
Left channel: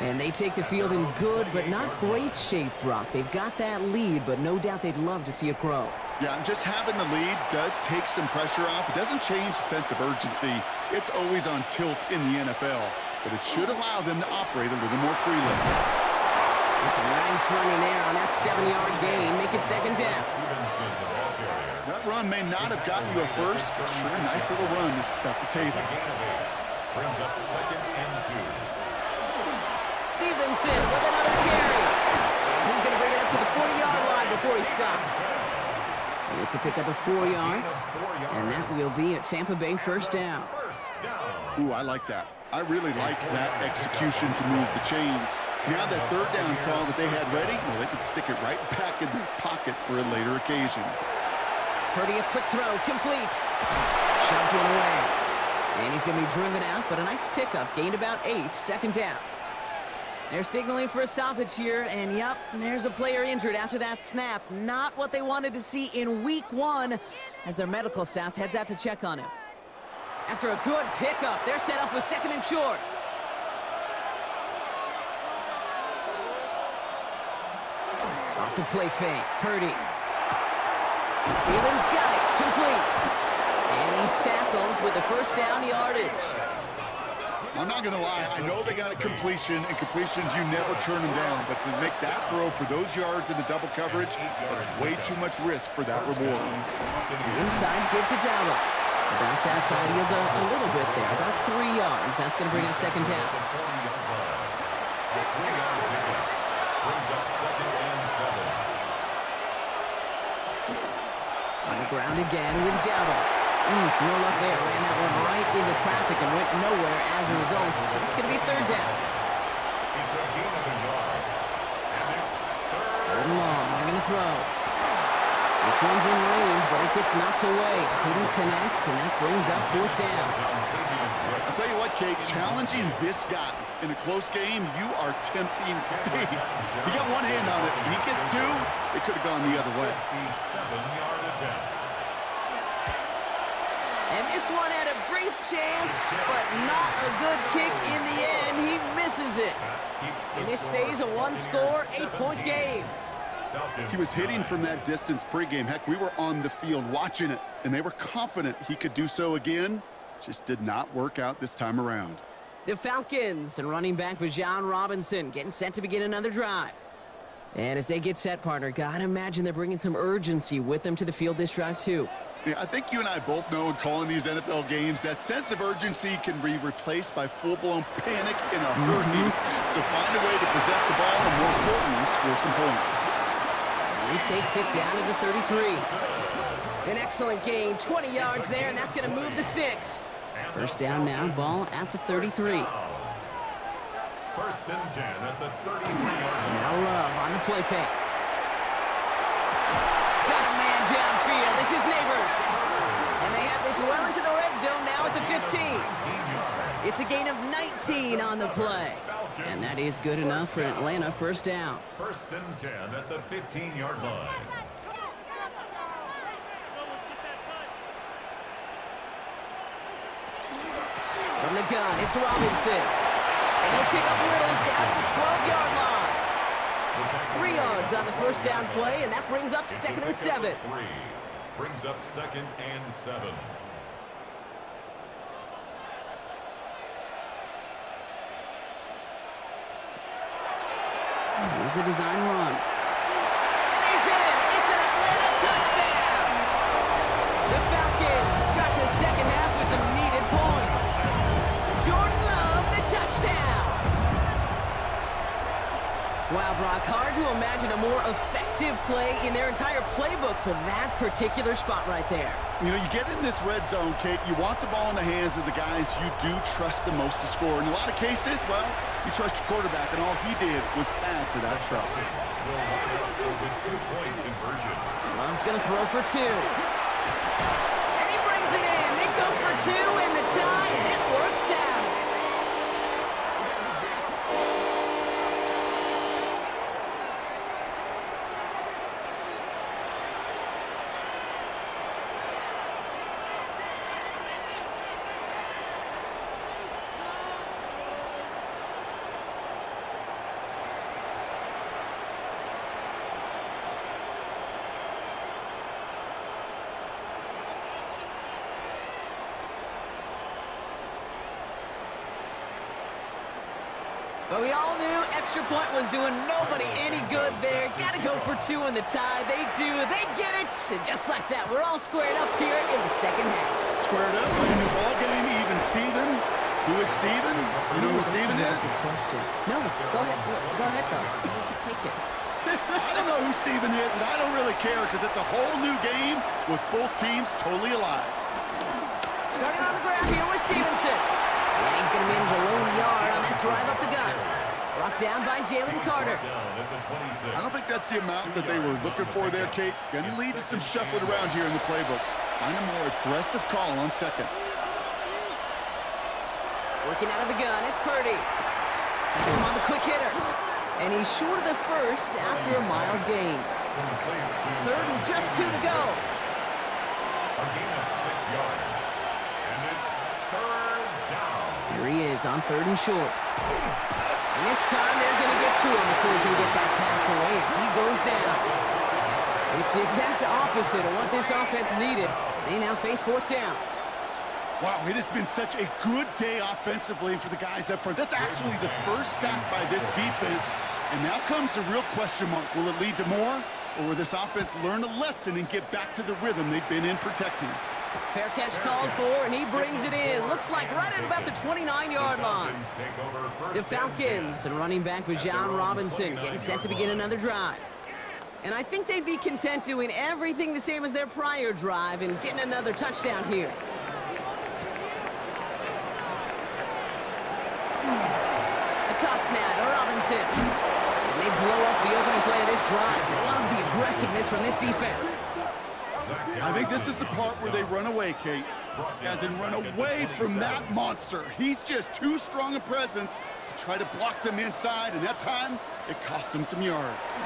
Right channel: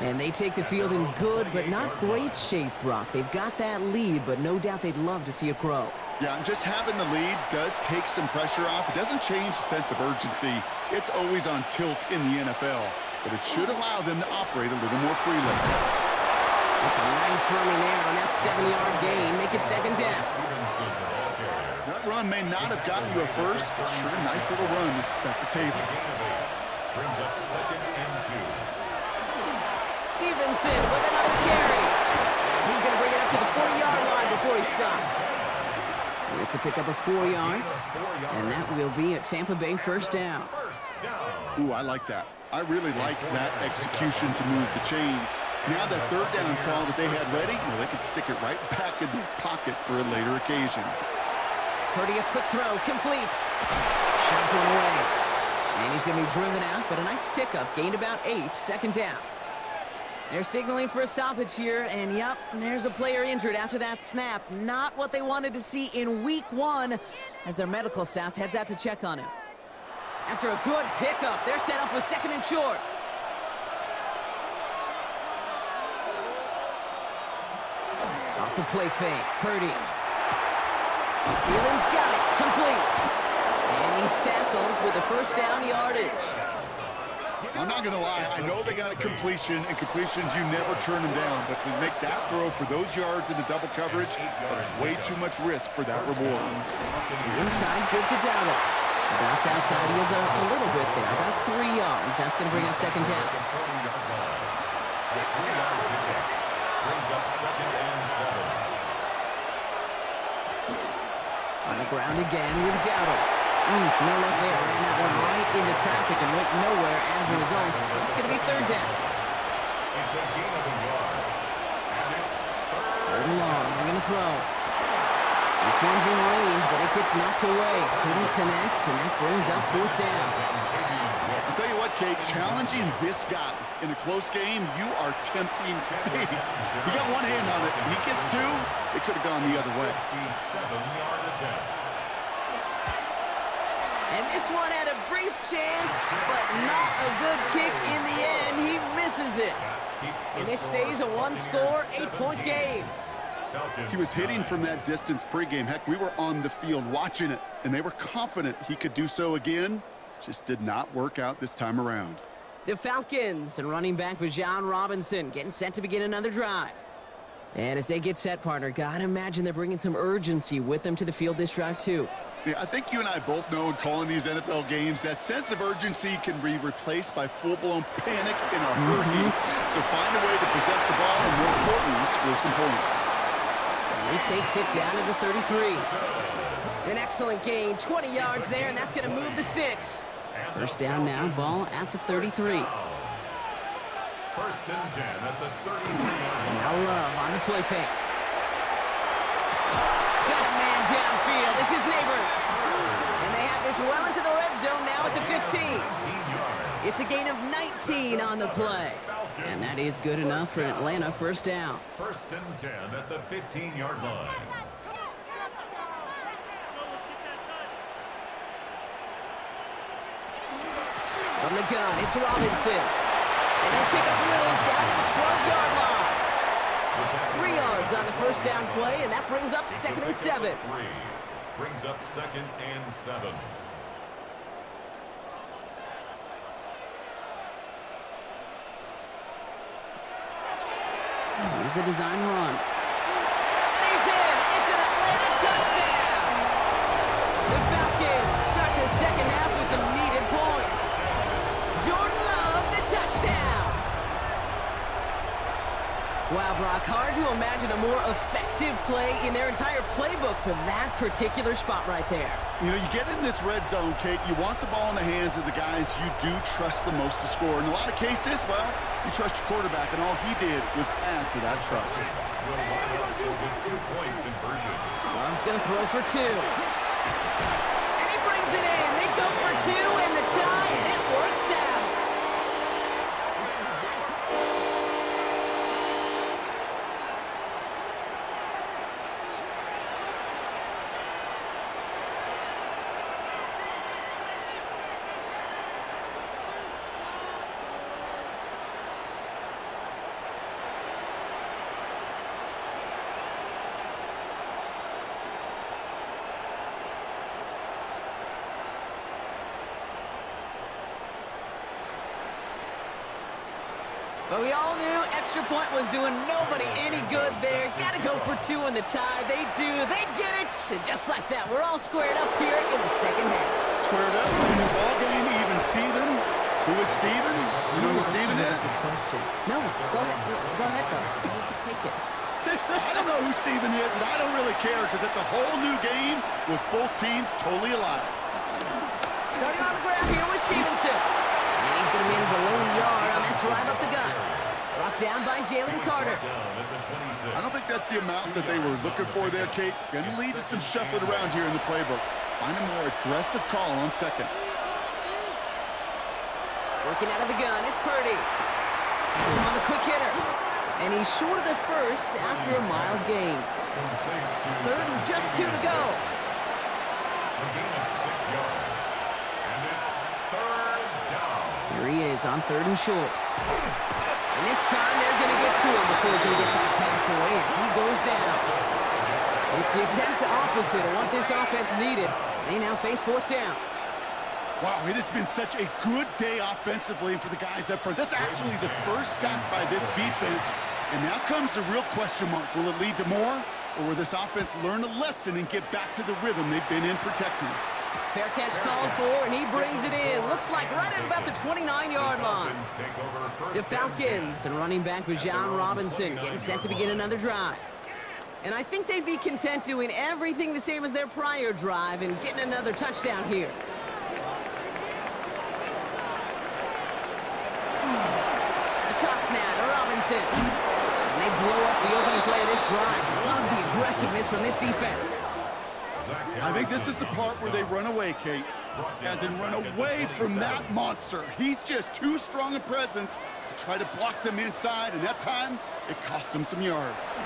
And they take the field in good but not great shape, Brock. They've got that lead, but no doubt they'd love to see it grow. Yeah, and just having the lead does take some pressure off. It doesn't change the sense of urgency. It's always on tilt in the NFL, but it should allow them to operate a little more freely. It's a nice running there on that 7-yard gain. Make it 2nd down. That run may not have gotten you a first, but sure, nice little run to set the table. Brings up 2nd and 2. Stevenson with another carry. And he's going to bring it up to the 40-yard line before he stops. It's a pickup of 4 yards, and that will be a Tampa Bay 1st down. Ooh, I like that. I really like that execution to move the chains. Now that 3rd down call that they had ready, well, they could stick it right back in their pocket for a later occasion. Purdy, a quick throw, complete. Shoves one away. And he's going to be driven out, but a nice pickup. Gained about 8, 2nd down. They're signaling for a stoppage here, and yep, there's a player injured after that snap. Not what they wanted to see in week 1 as their medical staff heads out to check on him. After a good pickup, they're set up with 2nd and short. Off the play fake, Purdy. Thielen's got it, it's complete. And he's tackled with the 1st down yardage. I'm not going to lie, I know they got a completion, and completions, you never turn them down. But to make that throw for those yards in the double coverage, that's way too much risk for that reward. Inside, give to Darnold. Bounce outside, he has a little bit there, about 3 yards. That's going to bring up 2nd down. A 3-yard pickup brings up 2nd and 7. On the ground again with Darnold. No luck there. Ran that one right into traffic and went nowhere as a result. It's going to be 3rd down. It's a gain of a yard. And it's 3rd and long. They're going to throw. This one's in range, but it gets knocked away. Couldn't connect, and that brings up 4th down. I'll tell you what, Kate, challenging this guy in a close game, you are tempting fate. He got one hand on it. He gets 2. It could have gone the other way. 7-yard attempt. And this one had a brief chance, but not a good kick in the end. He misses it. And this stays a 1-score, 8-point game. He was hitting from that distance pregame. Heck, we were on the field watching it, and they were confident he could do so again. Just did not work out this time around. The Falcons and running back Jauan Robinson getting set to begin another drive. And as they get set, partner, gotta imagine they're bringing some urgency with them to the field this drive, too. Yeah, I think you and I both know in calling these NFL games that sense of urgency can be replaced by full-blown panic in a hurry. So find a way to possess the ball and, more importantly, score some points. And he takes it down to the 33. An excellent gain, 20 yards there, and that's going to move the sticks. First down now, ball at the 33. First and 10 at the 33-yard line. Now Love on the play fake. Got a man downfield. This is Neighbors. And they have this well into the red zone now at the 15. It's a gain of 19 on the play. And that is good enough for Atlanta. First down. First and 10 at the 15-yard line. From the gun, it's Robinson. And he'll pick up Little down to the 12-yard line. 3 yards on the first down play, and that brings up second and 7. Brings up second and 7. Here's a design run. And he's in. It's an Atlanta touchdown. The Falcons start the second half with some needed points. Jordan Love, the touchdown. Wow, Brock, hard to imagine a more effective play in their entire playbook for that particular spot right there. You know, you get in this red zone, Kate, you want the ball in the hands of the guys you do trust the most to score. In a lot of cases, well, you trust your quarterback, and all he did was add to that trust. Will line up for the 2-point conversion. Love's going to throw for 2. And he brings it in. They go for 2 and the tie, and it works out. But we all knew extra point was doing nobody any good there. Got to go for 2 in the tie. They do. They get it. And just like that, we're all squared up here in the second half. Squared up, brand new ball game, even Steven. Who is Steven? You know who Steven is? No, go ahead. Go ahead, though. Take it. I don't know who Steven is, and I don't really care because it's a whole new game with both teams totally alive. Starting on the ground here with Stevenson. And he's going to manage a lone yard on that drive up the gut. Brought down by Jalen Carter. I don't think that's the amount that they were looking for there, Kate. Going to lead to some shuffling around here in the playbook. Find a more aggressive call on second. Working out of the gun, it's Purdy. He's on the quick hitter. And he's short of the first after a mild gain. Third and just 2 to go. A gain of 6 yards. And it's third down. Here he is on 3rd and short. And this time they're going to get to him before he can get that pass away as he goes down. It's the exact opposite of what this offense needed. They now face 4th down. Wow, it has been such a good day offensively for the guys up front. That's actually the first sack by this defense. And now comes the real question mark. Will it lead to more? Or will this offense learn a lesson and get back to the rhythm they've been in protecting? Fair catch called for, and he brings it in. Looks like right at about the 29-yard line. The Falcons and running back Jauan Robinson getting set to begin another drive. And I think they'd be content doing everything the same as their prior drive and getting another touchdown here. A toss now to Robinson. And they blow up the opening play of this drive. Love the aggressiveness from this defense. I think this is the part where they run away, Kate. As in run away from that monster. He's just too strong a presence to try to block them inside, and that time, it cost him some yards.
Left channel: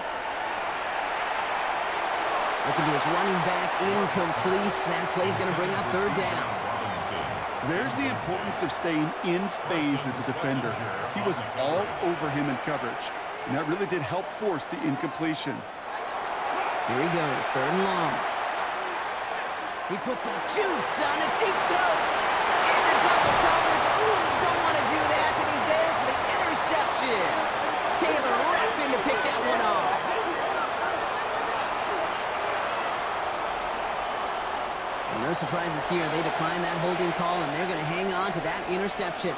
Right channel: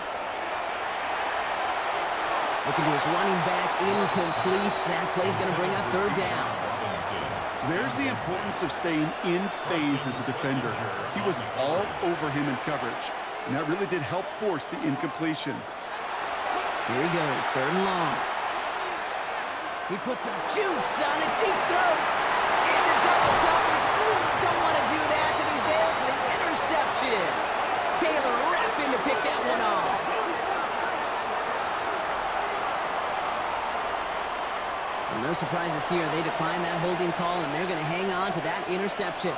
Looking to his running back, incomplete. That play's going to bring up 3rd down. There's the importance of staying in phase as a defender. He was all over him in coverage, and that really did help force the incompletion. Here he goes, 3rd and long. He puts some juice on a deep throw. Into double coverage. Ooh, don't want to do that, and he's there for the interception. Taylor Rapp in to pick that one off. Well, no surprises here. They decline that holding call, and they're going to hang on to that interception.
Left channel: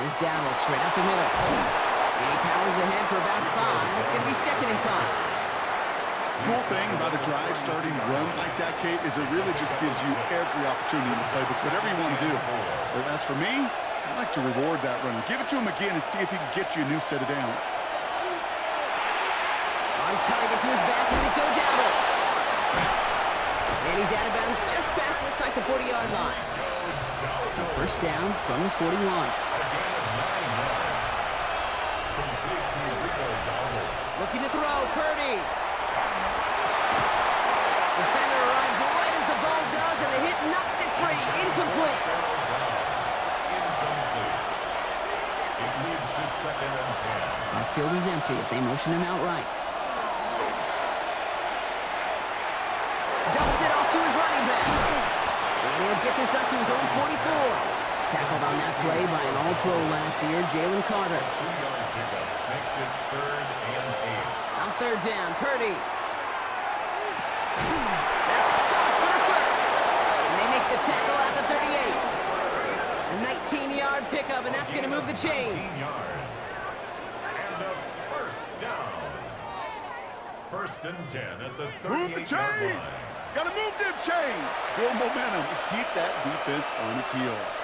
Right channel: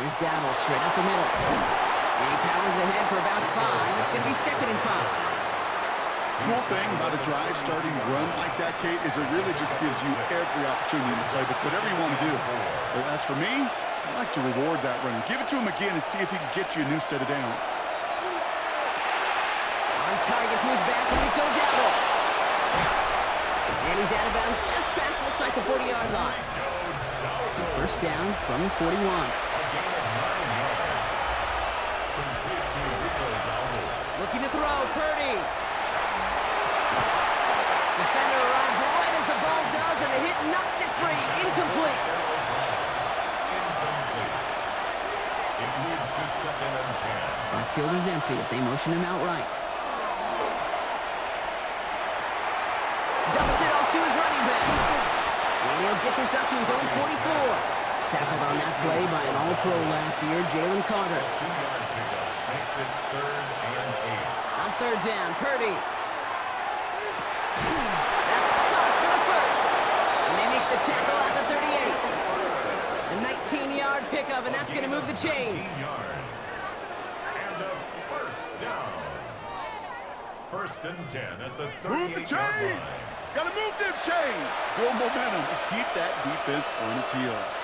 Here's Darnold straight up the middle. And he powers ahead for about 5. It's going to be 2nd and 5. Cool thing about a drive starting to run like that, Kate, is it really just gives you every opportunity in the playbook, whatever you want to do. But as for me, I like to reward that run. Give it to him again and see if he can get you a new set of downs. On target to his back, Rico Dowdle. And he's out of bounds just past, looks like the 40-yard line. So 1st down from the 41. A gain of 9 yards. Complete to Rico Dowdle. Looking to throw, Purdy. Defender arrives right as the ball does, and the hit knocks it free. Incomplete. Incomplete. It leads to 2nd and 10. Backfield is empty as they motion him outright. Dumps it off to his running back. And he'll get this up to his own 44. Tackled on that play by an All-Pro last year, Jalen Carter. 2-yard pickup makes it 3rd and 8. On 3rd down, Purdy. That's caught for the 1st. And they make the tackle at the 38. A 19-yard pickup, and that's going to move the chains. 19 yards. And a 1st down. 1st and 10 at the 38-yard line. Move the chains! Got to move them chains! Build momentum to keep that defense on its heels.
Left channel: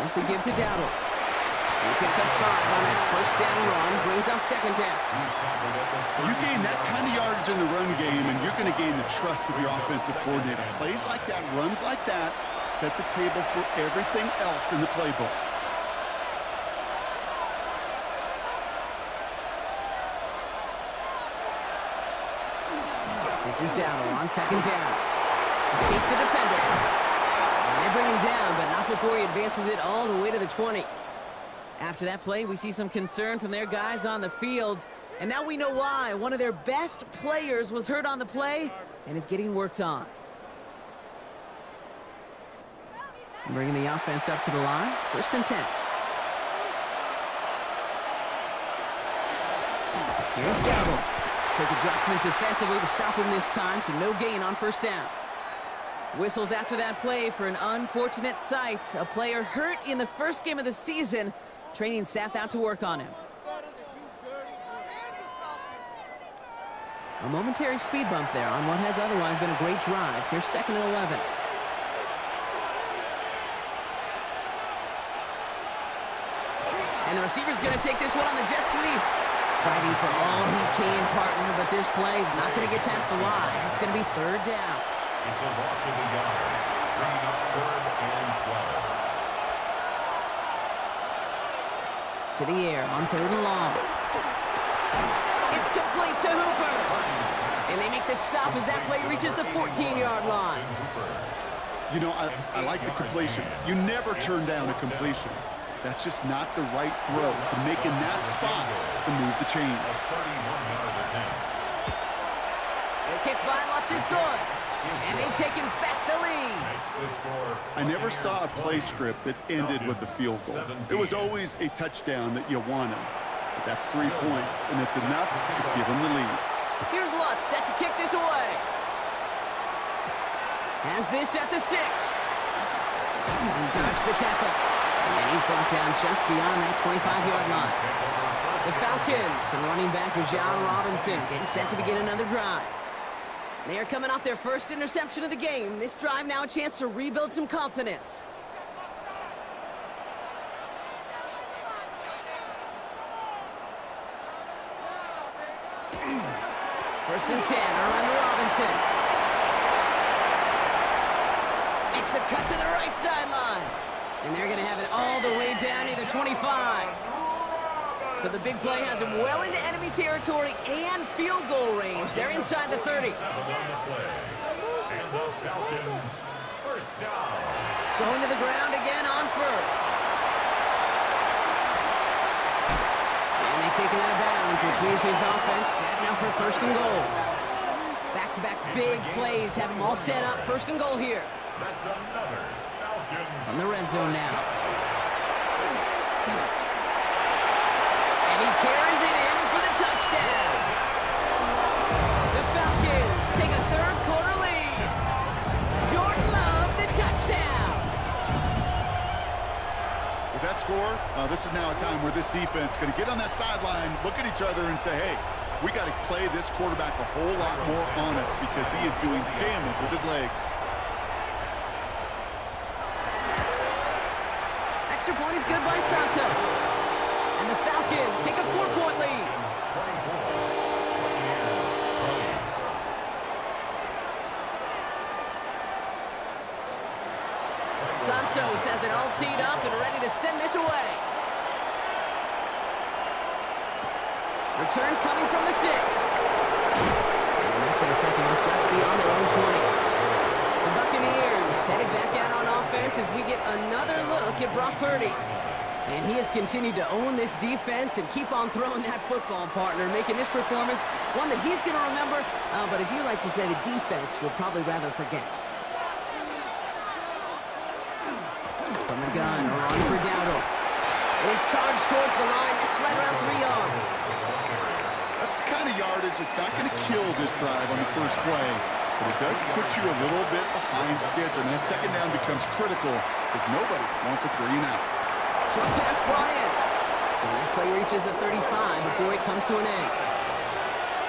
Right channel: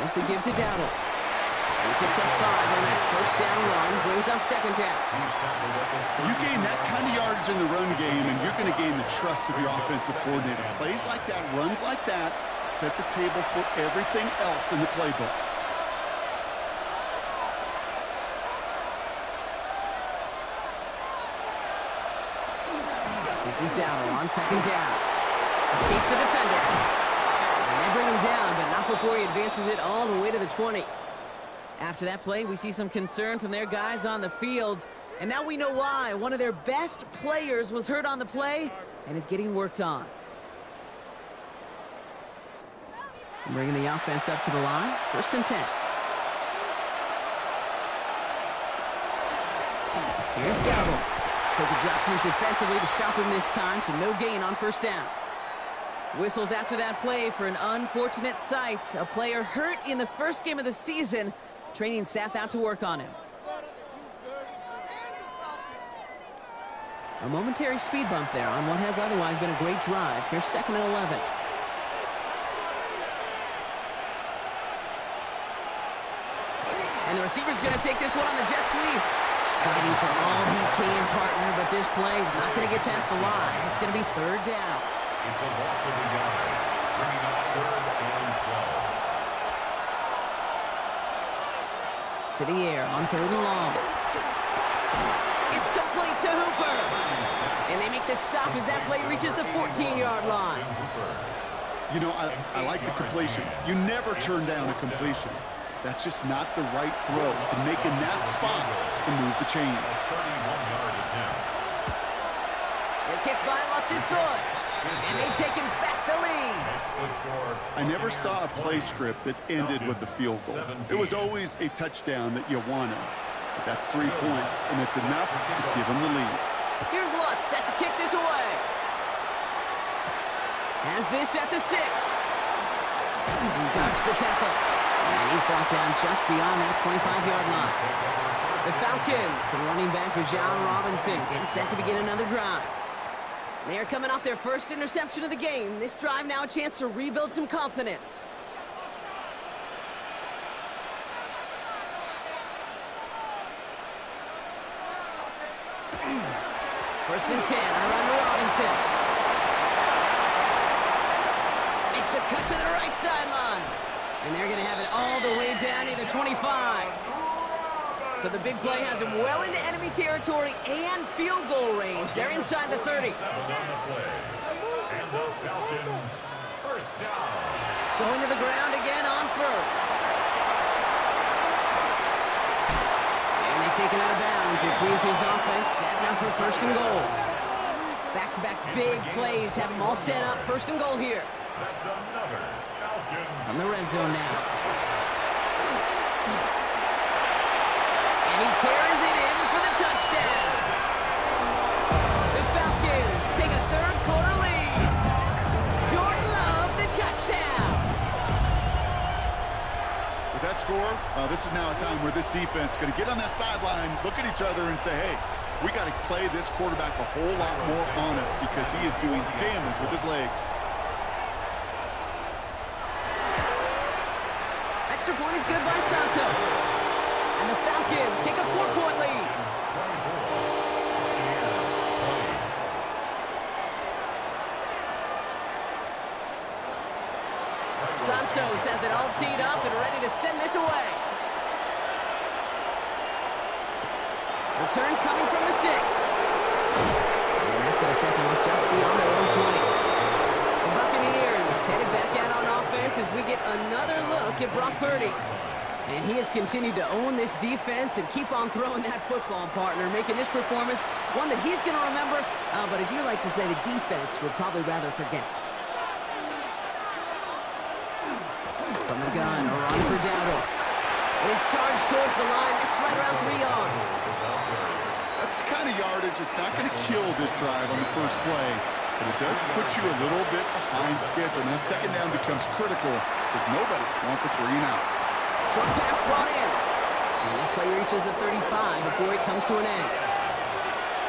Here's the give to Dowdle. He picks up 5 on that 1st down run, brings up 2nd down. You gain that kind of yardage in the run game, and you're going to gain the trust of your offensive coordinator. Plays like that, runs like that, set the table for everything else in the playbook. This is Dowdle on 2nd down. Escapes a defender. And they bring him down, but not before he advances it all the way to the 20. After that play, we see some concern from their guys on the field. And now we know why. One of their best players was hurt on the play and is getting worked on. Bringing the offense up to the line. 1st and 10. Here's Dowdle. Quick adjustment defensively to stop him this time, so no gain on 1st down. Whistles after that play for an unfortunate sight. A player hurt in the 1st game of the season. Training staff out to work on him. A momentary speed bump there on what has otherwise been a great drive. Here's 2nd and 11. And the receiver's going to take this one on the jet sweep. Fighting for all he can, partner, but this play is not going to get past the line. It's going to be 3rd down. It's a loss of a yard, bringing up 3rd and 12. To the air on 3rd and long. It's complete to Hooper. And they make the stop as that play reaches the 14-yard line. You know, I like the completion. You never turn down a completion. That's just not the right throw to make in that spot to move the chains. A 31-yard attempt. The kick by Lutz is good. And they've taken back the lead. I never saw a play script that ended with a field goal. It was always a touchdown that you wanted. But that's 3 points, and it's enough to give them the lead. Here's Lutz set to kick this away. Has this at the 6. He dodged the tackle. And he's brought down just beyond that 25-yard line. The Falcons and running back Jauan Robinson getting set to begin another drive. They are coming off their 1st interception of the game. This drive now a chance to rebuild some confidence. First and 10, a run to Robinson. Makes a cut to the right sideline. And they're going to have it all the way down to the 25. So the big play has him well into enemy territory and field goal range. They're inside the 30. On the play. And the Falcons, 1st down. Going to the ground again on 1st. they take him out of bounds, which means his offense setting up for first and goal. Back-to-back big plays have them all set up. First and goal here. That's another Falcons. From the red zone now. And he carries it in for the touchdown. The Falcons take a third-quarter lead. Jordan Love, the touchdown. With that score, this is now a time where this defense is going to get on that sideline, look at each other, and say, hey, we got to play this quarterback a whole lot more honest because he is doing damage with his legs. Extra point is good by Santos. And the Falcons take a 4-point lead. Santos has it all teed up and ready to send this away. Return coming from the 6. And that's going to set them up just beyond their own 20. The Buccaneers headed back out on offense as we get another look at Brock Purdy. And he has continued to own this defense and keep on throwing that football, partner, making this performance one that he's going to remember, but as you like to say, the defense would probably rather forget. From the gun, a run for Darnold. It is charged towards the line. It's right around 3 yards. That's the kind of yardage that's not going to kill this drive on the first play, but it does put you a little bit behind schedule. Now, second down becomes critical because nobody wants a 3-and-out. Short pass brought in. And this play reaches the 35 before it comes to an end.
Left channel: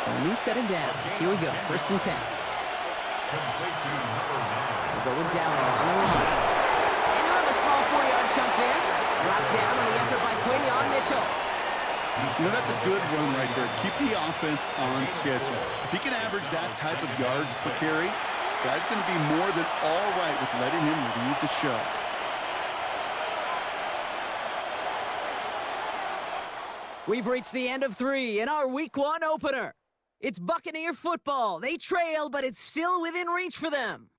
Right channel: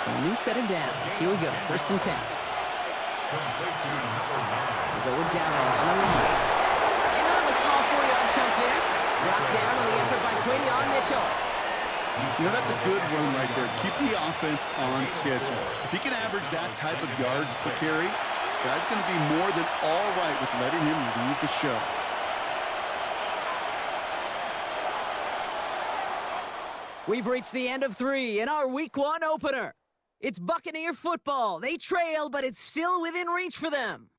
So a new set of downs. Here we go, 1st and 10. We'll go with Darnold on the run. And he'll have a small 4-yard chunk there. Brought down on the effort by Quinion Mitchell. You know, that's a good run right there. Keep the offense on schedule. If he can average that type of yards per carry, this guy's going to be more than all right with letting him lead the show. We've reached the end of 3 in our Week 1 opener. It's Buccaneer football. They trail, but it's still within reach for them.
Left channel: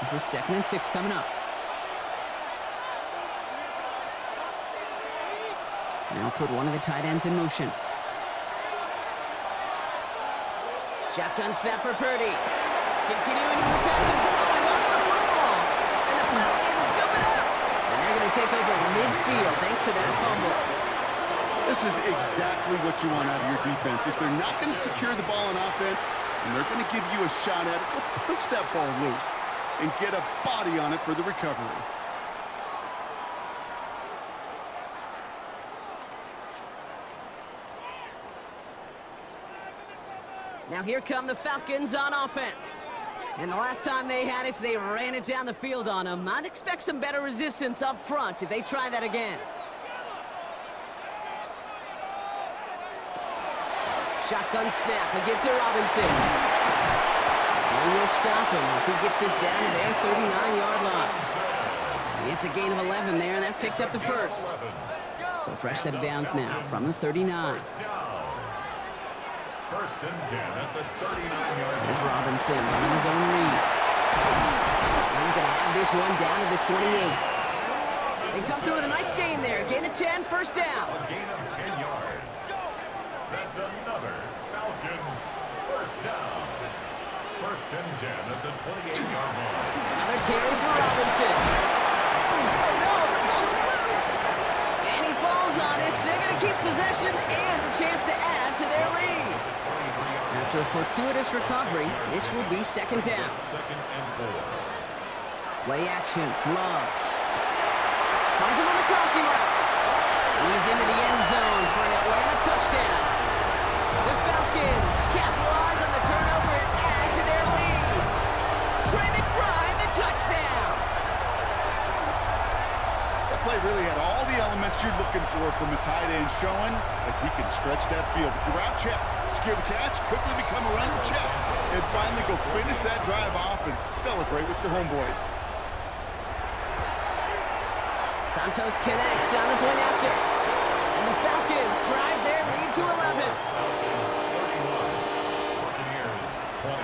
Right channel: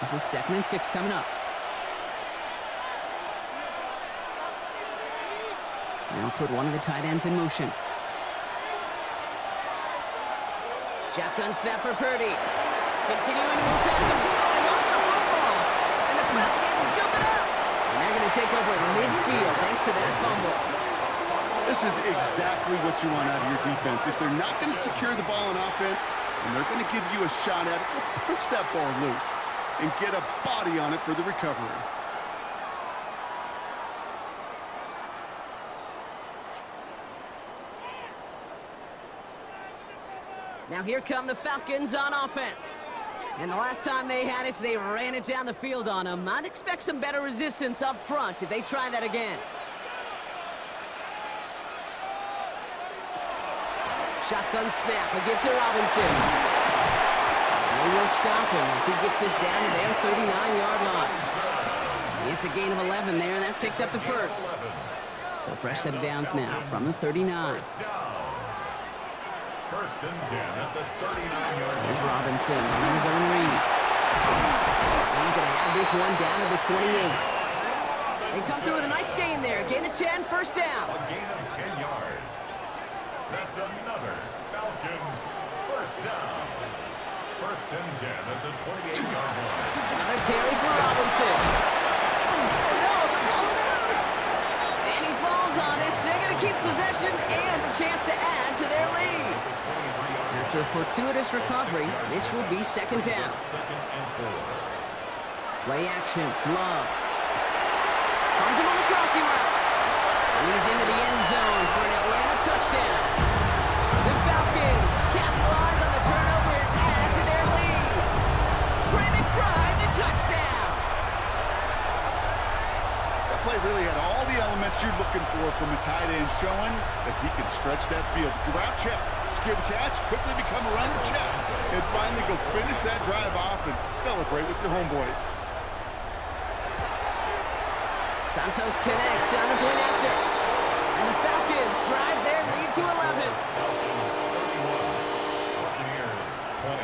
This is 2nd and 6 coming up. Now put one of the tight ends in motion. Shotgun snap for Purdy. Continuing to move past him. Oh, he lost the football. And the Falcons scoop it up. And they're going to take over at midfield thanks to that fumble. This is exactly what you want out of your defense. If they're not going to secure the ball on offense, and they're going to give you a shot at it, go punch that ball loose and get a body on it for the recovery. Now here come the Falcons on offense. And the last time they had it, they ran it down the field on them. I'd expect some better resistance up front if they try that again. Shotgun snap, a give to Robinson. And they will stop him as he gets this down to their 39-yard line. It's a gain of 11 there, and that picks up the first. So fresh set of downs now from the 39. 1st and 10 at the 39-yard line. Here's Robinson running his own read. He's going to have this one down to the 28. They come through with a nice gain there. Gain of 10, 1st down. A gain of 10 yards. That's another Falcons 1st down. 1st and 10 at the 28-yard line. Another carry for Robinson. Oh no, the ball is loose. And he falls on it. So they're going to keep possession and a chance to add to their lead. After a fortuitous recovery, this will be 2nd down. 2nd and 4. Play action, Love. Finds him on the crossing route. And he's into the end zone for an Atlanta touchdown. The Falcons capitalize on the turnover and add to their lead. Trey McBride, the touchdown. That play really had all the elements you're looking for from a tight end, showing that he can stretch that field. With the route check, secure the catch, quickly become a runner check, and finally go finish that drive off and celebrate with your homeboys. Santos connects on the point after. And the Falcons to 11. Falcons 31. Buccaneers 20.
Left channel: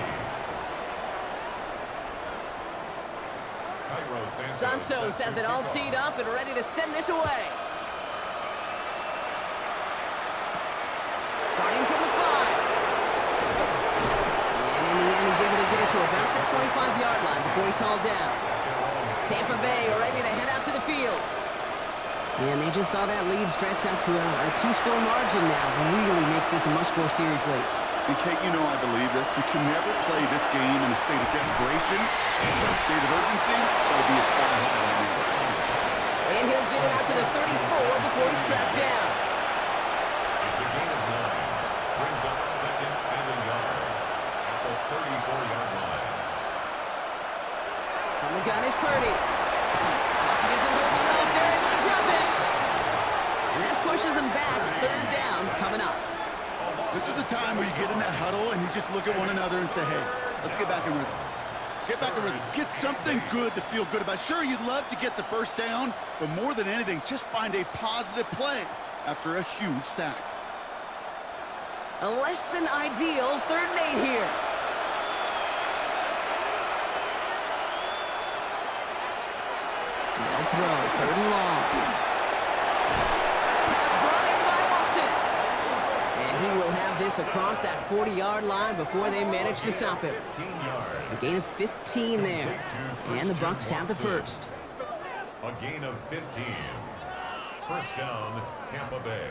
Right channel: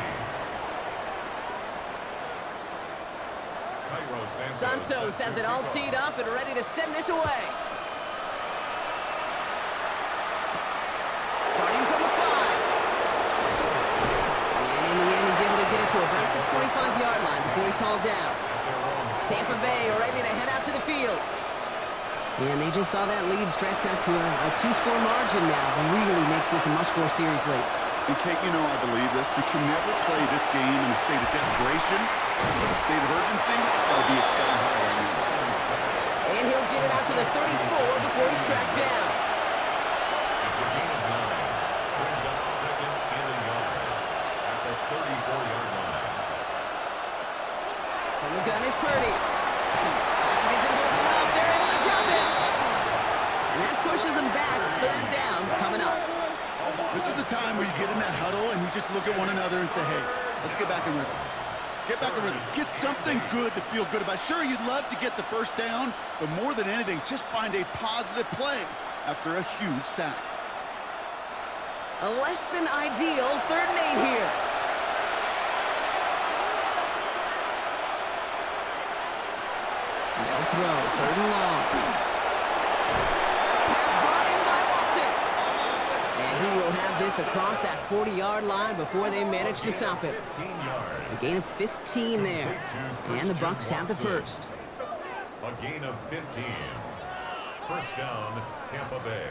Santos has it all teed up and ready to send this away. Starting from the 5. And in the end, he's able to get it to about the 25-yard line before he's hauled down. Tampa Bay ready to head out to the field. And they just saw that lead stretch out to a 2-score margin now. Really makes this a must-score series late. And Kate, you know I believe this. You can never play this game in a state of desperation. But a state of urgency, that would be a sky high right now. And he'll get it out to the 34 before he's tracked down. It's a gain of 9. Brings up second and a yard at the 34-yard line. From the gun is Purdy. Pocket isn't holding up. They're able to drop it. And that pushes them back. 3rd down coming up. This is a time where you get in that huddle and you just look at one another and say, hey, let's get back in rhythm. Get back in rhythm. Get something good to feel good about. Sure, you'd love to get the first down, but more than anything, just find a positive play after a huge sack. A less than ideal 3rd and 8 here. They'll throw 3rd and long. Pass brought in by Watson. And he will have this across that 40-yard line before they manage to stop him. A gain of 15 there. And the Bucs have the first. A gain of 15. First down, Tampa Bay.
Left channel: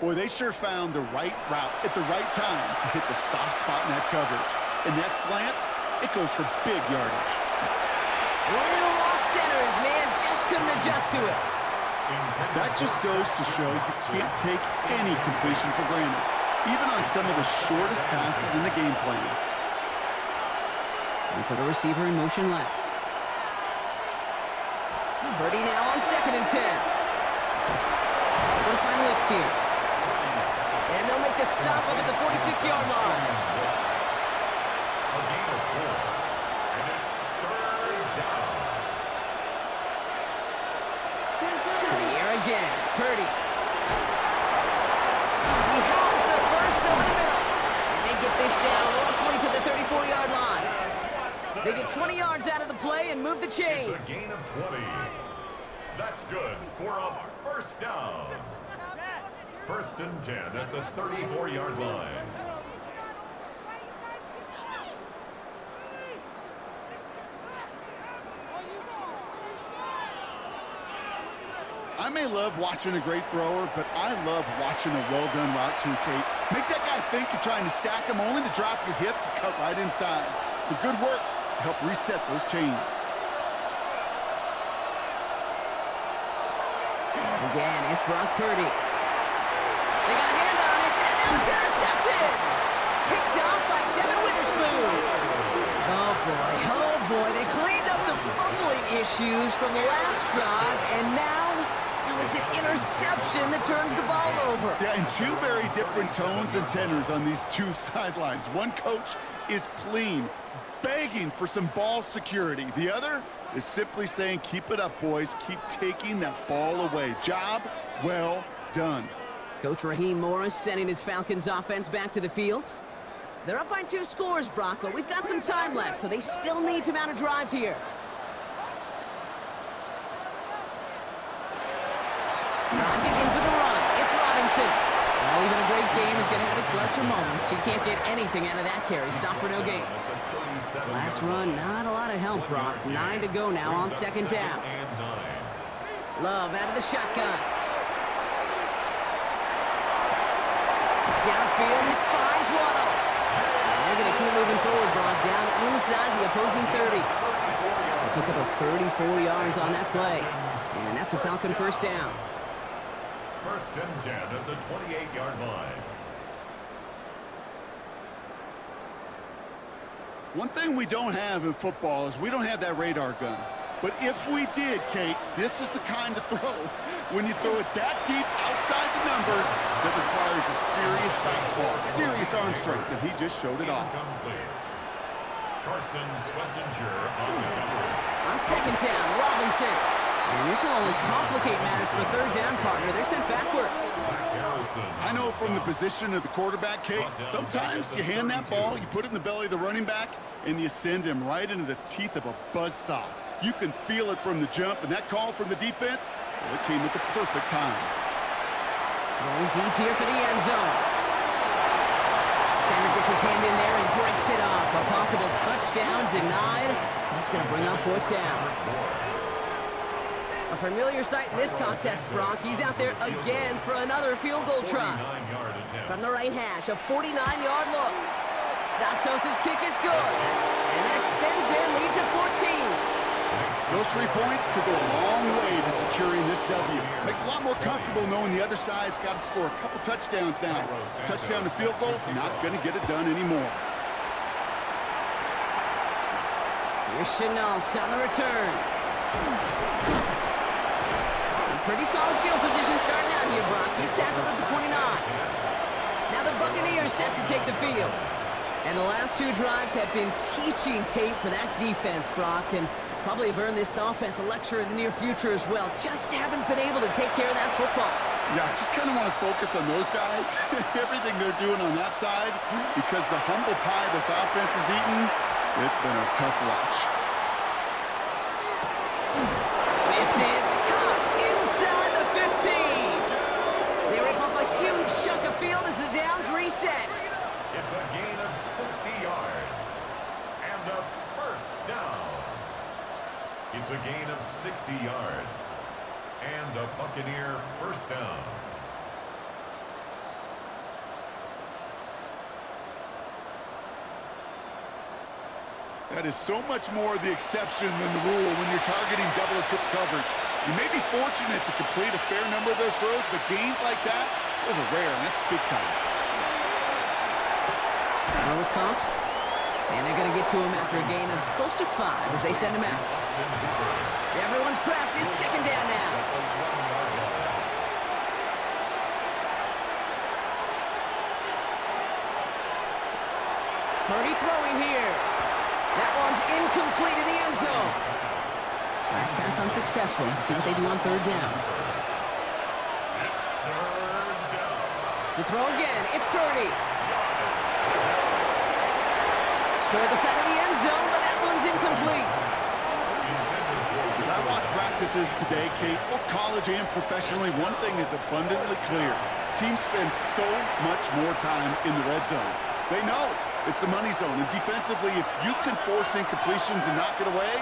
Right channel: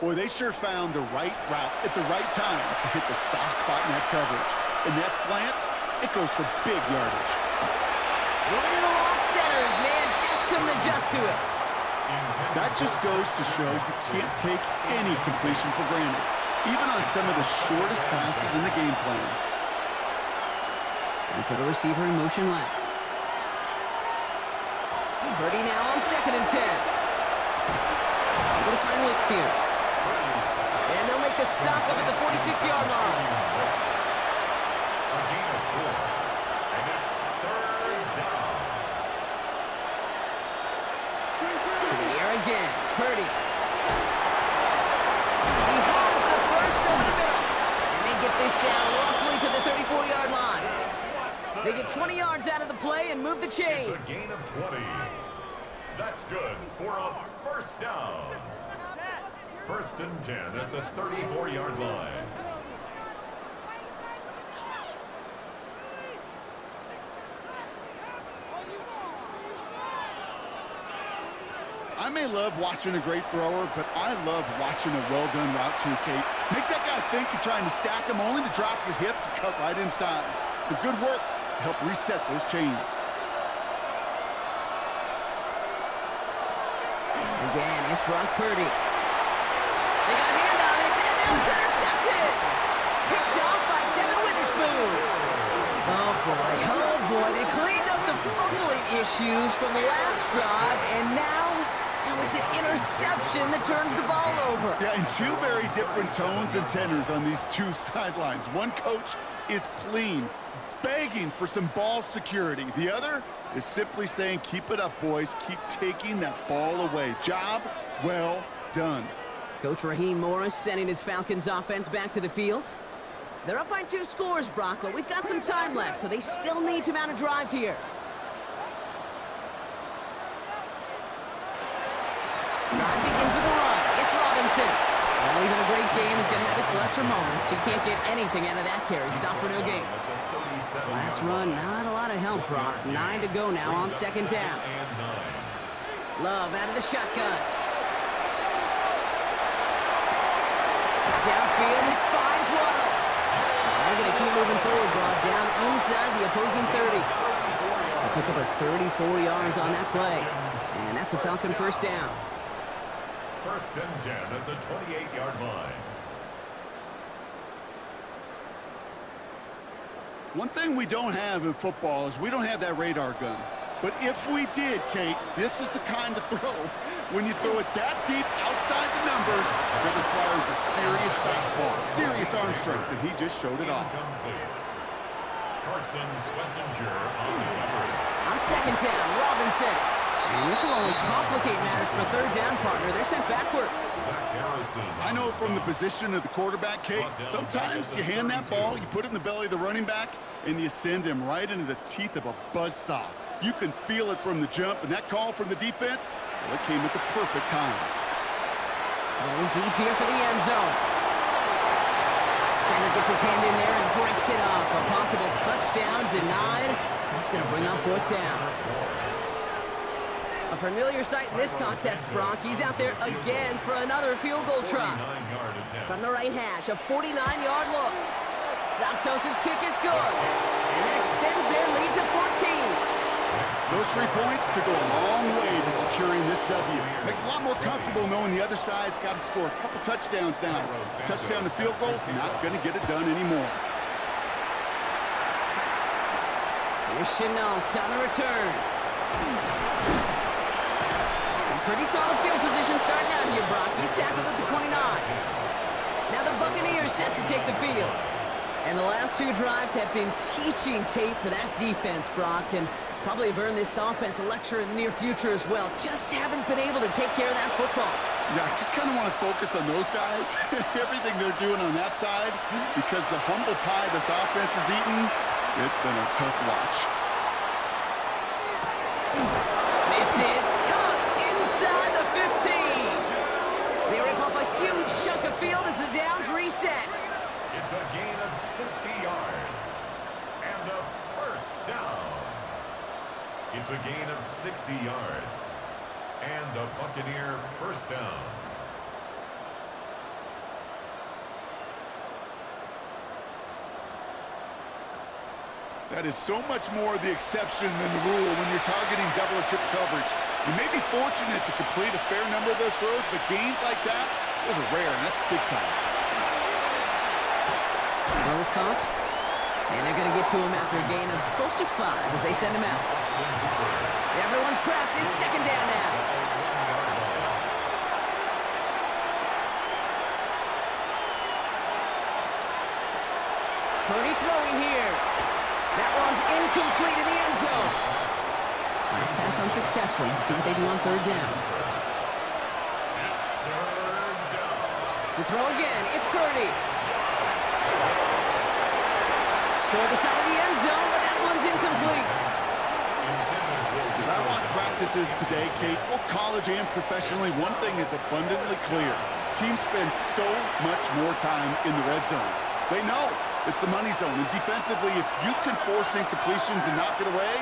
Boy, they sure found the right route at the right time to hit the soft spot in that coverage. And that slant, it goes for big yardage. Little off centers, man, just couldn't adjust to it. That just goes to show you can't take any completion for granted, even on some of the shortest passes in the game plan. And put a receiver in motion left. Purdy now on 2nd and 10. Able to find Wicks here. And they'll make the stop up at the 46-yard line. A gain of 4. And it's 3rd down. To the air again. Purdy. He has the first over the middle. And they get this down roughly to the 34-yard line. They get 20 yards out of the play and move the chains. It's a gain of 20. That's good for a first down. 1st and 10 at the 34-yard line. I may love watching a great thrower, but I love watching a well-done route too, Kate. Make that guy think you're trying to stack him only to drop your hips and cut right inside. Some good work to help reset those chains. Again, it's Brock Purdy. They got a hand on it, and now it's intercepted. Picked off by Devin Witherspoon. Oh boy, they cleaned up the fumbling issues from the last drive, and now it's an interception that turns the ball over. Yeah, and 2 very different tones and tenors on these 2 sidelines. One coach is pleading, begging for some ball security. The other is simply saying, keep it up, boys. Keep taking that ball away. Job well done. Coach Raheem Morris sending his Falcons offense back to the field. They're up by 2 scores, Brock, but we've got some time left, so they still need to mount a drive here. Drive begins with a run. It's Robinson. Well, even a great game is going to have its lesser moments. You can't get anything out of that carry. Stop for no gain. Last run, not a lot of help, Brock. 9 to go now on 2nd down. Love out of the shotgun. Downfield, this finds Waddle. And they're going to keep moving forward, Brock, down inside the opposing 30. They pick up a 34 yards on that play. And that's a Falcon first down. 1st and 10 at the 28-yard line. One thing we don't have in football is we don't have that radar gun. But if we did, Kate, this is the kind of throw when you throw it that deep outside the numbers that requires a serious fastball, serious arm strength, and he just showed it off. Carson Schlesinger on the coverage. On 2nd down, Robinson. And this will only complicate matters for third down, partner. They're sent backwards. I know from the position of the quarterback, Kate, sometimes you hand that ball, you put it in the belly of the running back, and you send him right into the teeth of a buzzsaw. You can feel it from the jump, and that call from the defense, well, it came at the perfect time. Going deep here for the end zone. Defender gets his hand in there and breaks it up. A possible touchdown denied. That's going to bring up fourth down. A familiar sight in this contest, Brock. He's out there again for another field goal try. From the right hash, a 49-yard look. Santos' kick is good. And that extends their lead to 14. Those 3 points could go a long way to securing this W. Makes it a lot more comfortable knowing the other side's got to score a couple touchdowns now. Touchdown to field goals, not going to get it done anymore. Here's Chenault on the return. Pretty solid field position starting out here, Brock. He's tackled at the 29. Now the Buccaneers set to take the field. And the last 2 drives have been teaching tape for that defense, Brock, and probably have earned this offense a lecture in the near future as well. Just haven't been able to take care of that football. Yeah, I just kind of want to focus on those guys, everything they're doing on that side, because the humble pie this offense has eaten, it's been a tough watch. This is caught inside the 15. They rip off a huge chunk of field as the downs reset. It's a gain of 60 yards and a first down. It's a gain of 60 yards and a Buccaneer first down. That is so much more the exception than the rule when you're targeting double or triple coverage. You may be fortunate to complete a fair number of those throws, but gains like that, those are rare, and that's big time. Throw is caught. And they're going to get to him after a gain of close to 5 as they send him out. Everyone's prepped. It's second down now. Purdy throwing here. That one's incomplete in the end zone. Last pass unsuccessful. Let's see what they do on third down. To throw again, it's Purdy. Toward the side of the end zone, but that one's incomplete. As I watch practices today, Kate, both college and professionally, one thing is abundantly clear. Teams spend so much more time in the red zone. They know it's the money zone, and defensively, if you can force incompletions and knock it away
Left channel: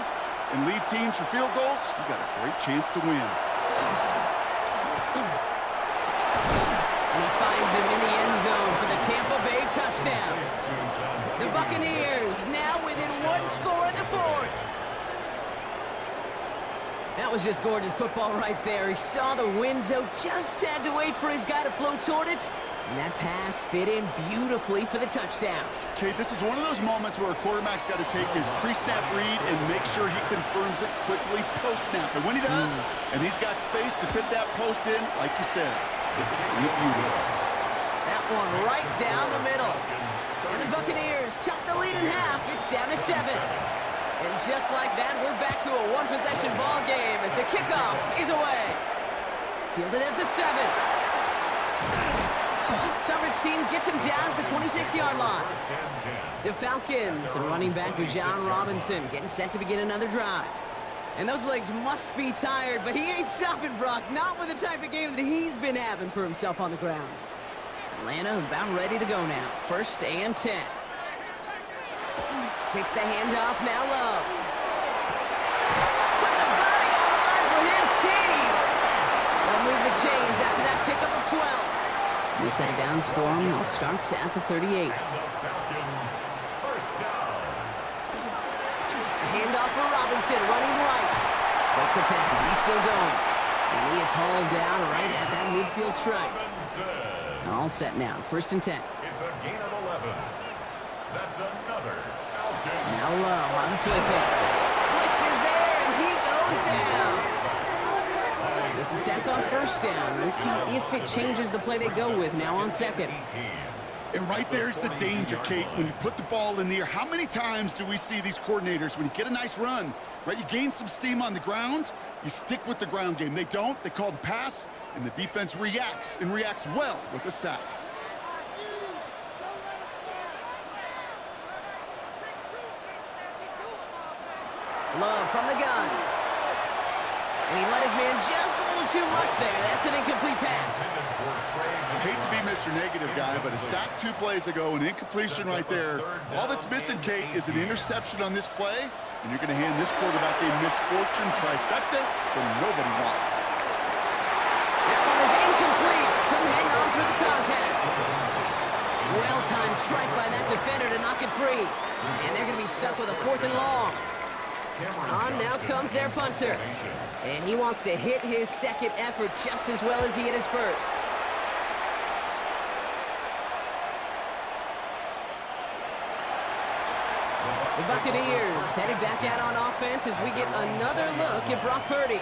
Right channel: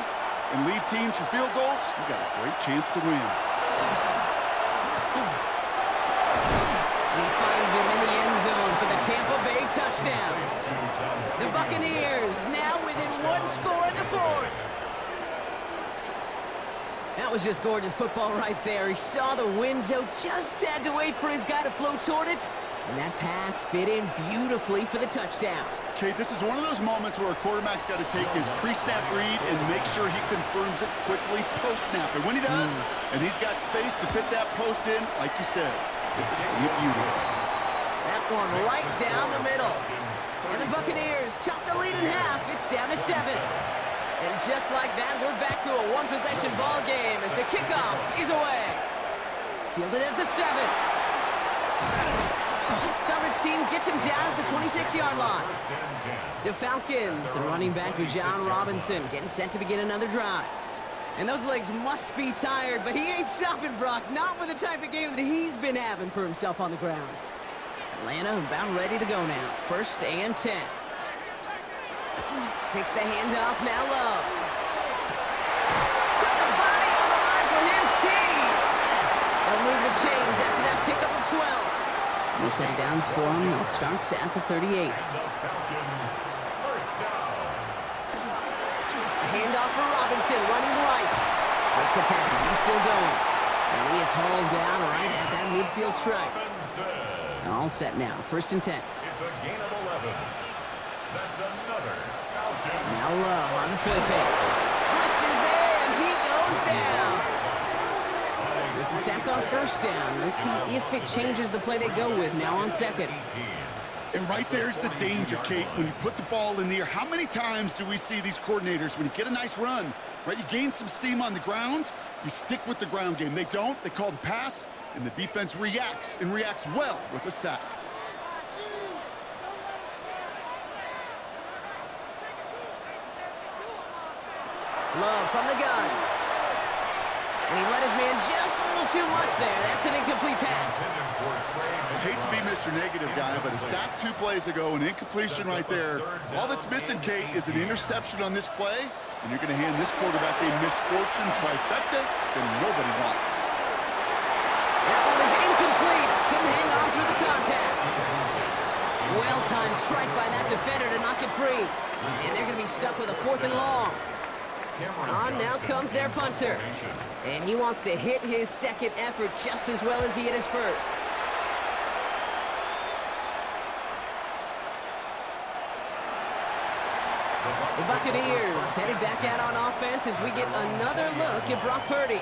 and leave teams for field goals, you got a great chance to win. And he finds him in the end zone for the Tampa Bay touchdown. The Buccaneers now within 1 score in the 4th. That was just gorgeous football right there. He saw the window, just had to wait for his guy to flow toward it, and that pass fit in beautifully for the touchdown. Kate, this is one of those moments where a quarterback's got to take his pre-snap read and make sure he confirms it quickly post-snap. And when he does, and he's got space to fit that post in, like you said, it's a thing of beauty. That one right down the middle. And the Buccaneers chop the lead in half. It's down to 7. And just like that, we're back to a one-possession ball game as the kickoff is away. Fielded at the 7. Coverage team gets him down at the 26-yard line. The Falcons, running back Jauan Robinson, getting set to begin another drive. And those legs must be tired, but he ain't stopping, Brock. Not with the type of game that he's been having for himself on the ground. Atlanta about ready to go now. 1st and 10. Takes the handoff, now Love. Put the body on the line for his team. They'll move the chains after that pickup of 12. New set of downs for him. They'll start at the 38. Handoff for Robinson, running right. Breaks a tackle, he's still going. And he is hauled down right at that midfield stripe. All set now, 1st and 10. It's a gain of 11. That's another Falcons. Now Love on the play fake. Blitz is there, and he goes down. It's a sack on 1st down. We'll see if it changes the play they go with now on 2nd. And right there's the danger, Kate. When you put the ball in the air, how many times do we see these coordinators, when you get a nice run, right, you gain some steam on the ground, you stick with the ground game. They don't. They call the pass, and the defense reacts, and reacts well with a sack. Love from the gun. And he let his man just a little too much there. That's an incomplete pass. I hate to be Mr. Negative guy, but a sack 2 plays ago, an incompletion right there. All that's missing, Kate, is an interception on this play, and you're going to hand this quarterback a misfortune trifecta that nobody wants. That one is incomplete. Couldn't hang on through the contact. Well-timed strike by that defender to knock it free. And they're going to be stuck with a 4th and long. On now comes their punter. And he wants to hit his second effort just as well as he hit his first. The Buccaneers headed back out on offense as we get another look at Brock Purdy.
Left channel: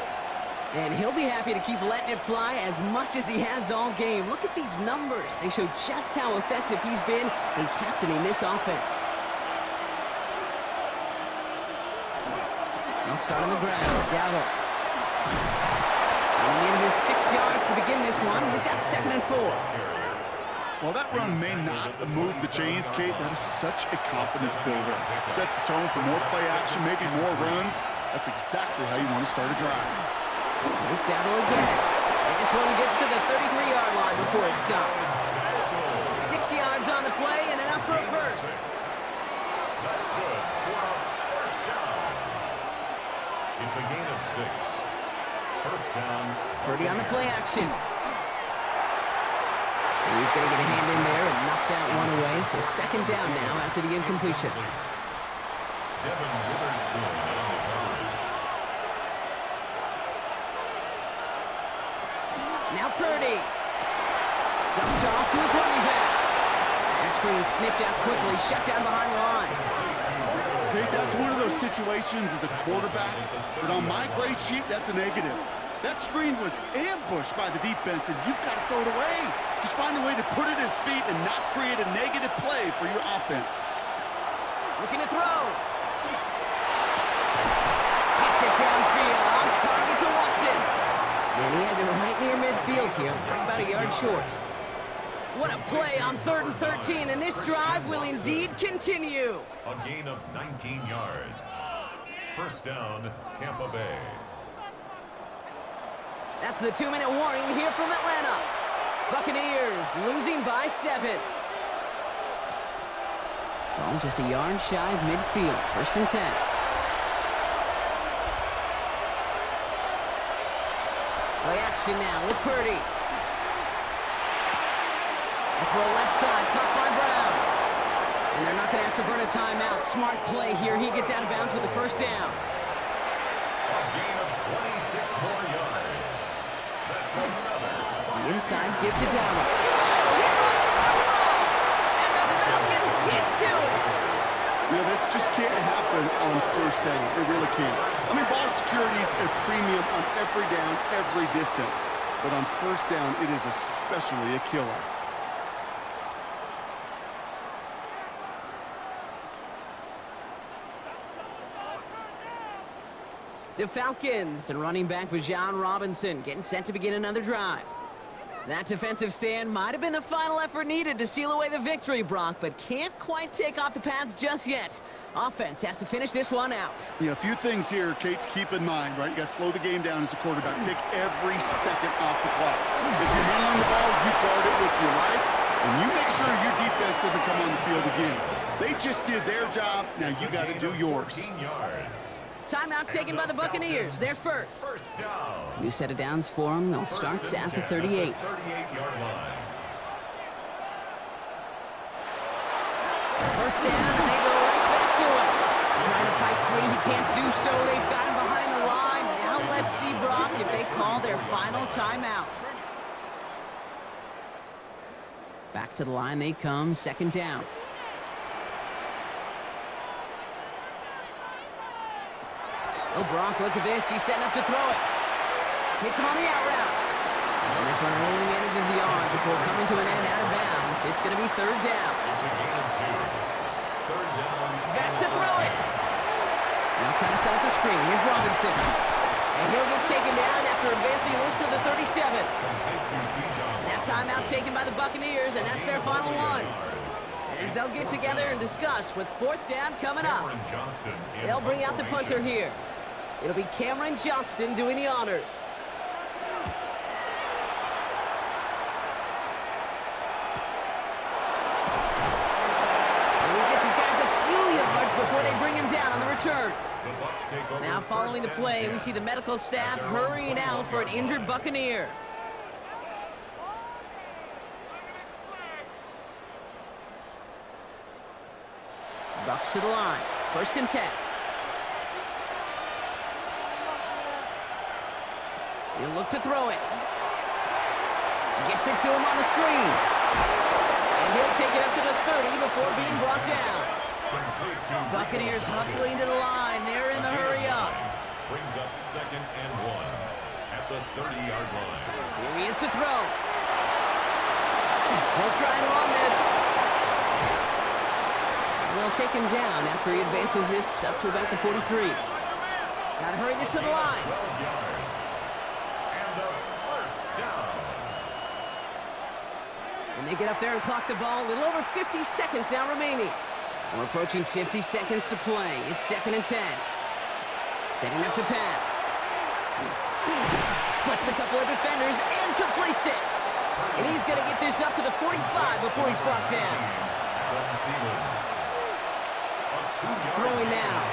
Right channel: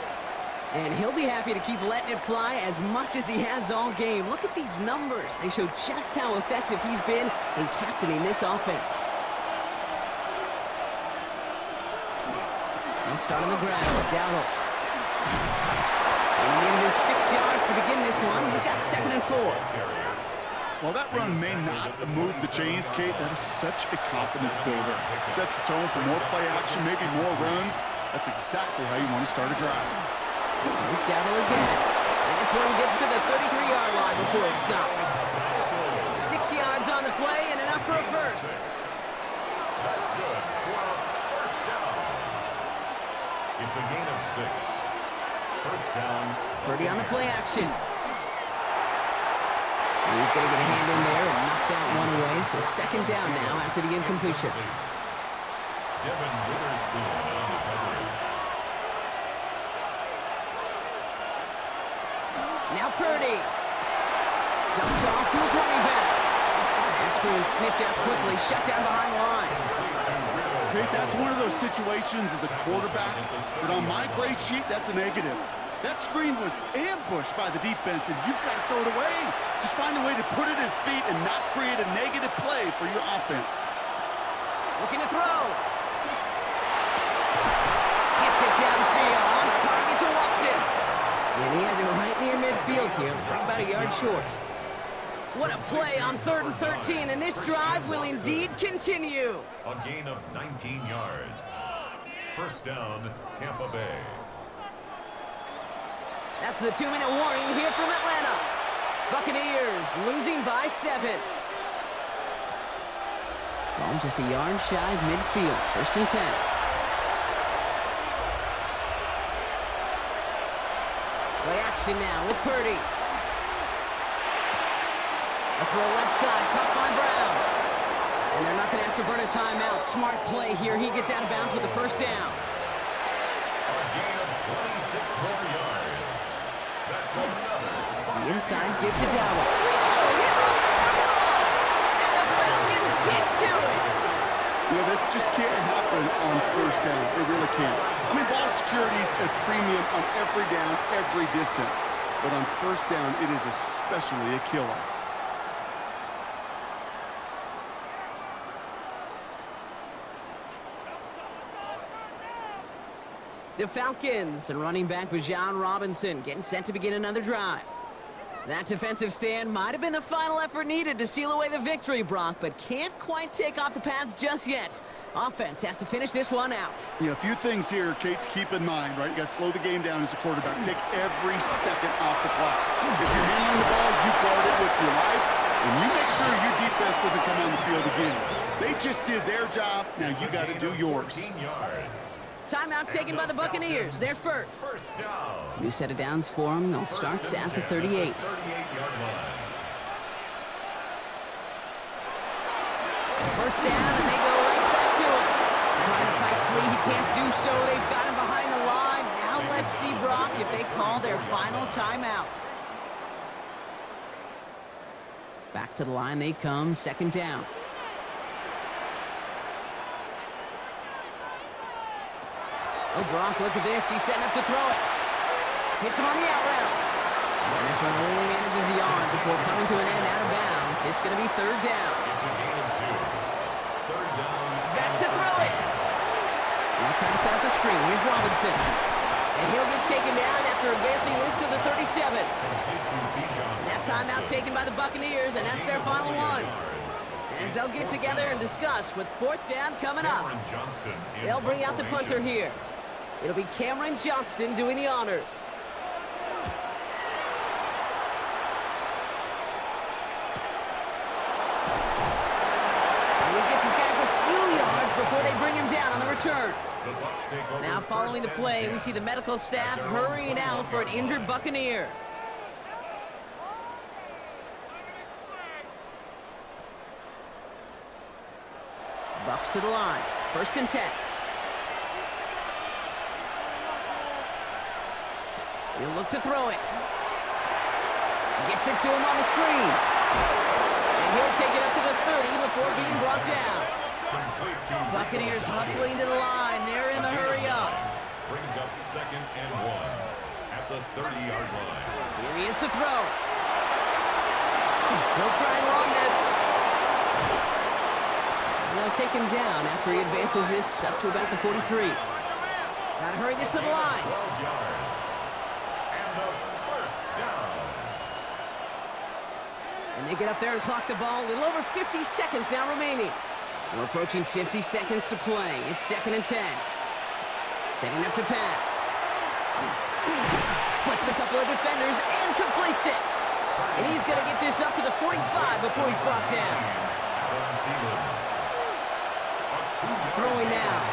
And he'll be happy to keep letting it fly as much as he has all game. Look at these numbers. They show just how effective he's been in captaining this offense. He'll start on the ground. Darnold. And he needed his 6 yards to begin this one. We've got 2nd and 4. While that run may not move the chains, Kate, that is such a confidence builder. Sets the tone for more play action, maybe more runs. That's exactly how you want to start a drive. Here's Darnold again. And this one gets to the 33-yard line before it stopped. 6 yards on the play and enough for a first. That's good for a first down. It's a gain of 6. First down. Purdy on the play action. He's going to get a hand in there and knock that one away. So 2nd down now after the incompletion. Devin Witherspoon on the coverage. Now Purdy. Dumped off to his running back. That screen sniffed out quickly, shut down behind the line. Kate, that's one of those situations as a quarterback, but on my grade sheet, that's a negative. That screen was ambushed by the defense, and you've got to throw it away. Just find a way to put it at his feet and not create a negative play for your offense. Looking to throw. Gets it downfield, on target to Watson. And he has it right near midfield here, about a yard short. What a play on 3rd and 13, and this drive will indeed continue. A gain of 19 yards. First down, Tampa Bay. That's the 2-minute warning here from Atlanta. Buccaneers losing by 7. Ball just a yard shy of midfield. 1st and 10. Play action now with Purdy. A throw left side, caught by Brown. And they're not going to have to burn a timeout. Smart play here. He gets out of bounds with the 1st down. A gain of 26 more yards. That's another. The inside give to Darnold. Oh, he lost the football! And the Falcons get to it! You know, this just can't happen on 1st down. It really can't. I mean, ball security is a premium on every down, every distance. But on 1st down, it is especially a killer. The Falcons and running back Jauan Robinson getting set to begin another drive. That defensive stand might have been the final effort needed to seal away the victory, Brock, but can't quite take off the pads just yet. Offense has to finish this one out. Yeah, a few things here, Kate, to keep in mind, right? You got to slow the game down as a quarterback. Take every second off the clock. If you're handling the ball, you guard it with your life, and you make sure your defense doesn't come on the field again. They just did their job. Now you got to do yours. 15 yards. Timeout taken by the Buccaneers. They're first. First down. New set of downs for them. They'll start at the 38. 38-yard line. First down, and they go right back to it. Trying to fight free. He can't do so. They've got him behind the line. Now let's see, Brock, if they call their final timeout. Back to the line they come. 2nd down. Oh, Brock, look at this. He's setting up to throw it. Hits him on the out route. And this one only manages the arm before coming to an end out of bounds. It's going to be third down. It's a gain of 2. Third down. Back to throw it. Now trying to set up the screen. Here's Robinson. And he'll get taken down after advancing this to the 37. That timeout taken by the Buccaneers, and that's their final one. As they'll get together and discuss with fourth down coming up. They'll bring out the punter here. It'll be Cameron Johnston doing the honors. And he gets his guys a few yards before they bring him down on the return. Now following the play, we see the medical staff hurrying out for an injured Buccaneer. Bucks to the line. 1st and 10. He'll look to throw it. Gets it to him on the screen. And he'll take it up to the 30 before being brought down. Buccaneers hustling to the line. They're in the hurry up. Brings up 2nd and 1 at the 30-yard line. Here he is to throw. He'll try and run this. And they'll take him down after he advances this up to about the 43. Got to hurry this to the line. 12 yards. And a first down. And they get up there and clock the ball. A little over 50 seconds now remaining. We're approaching 50 seconds to play. It's 2nd and 10. Setting up to pass. Splits a couple of defenders and completes it. And he's going to get this up to the 45 before he's brought down. Throwing now.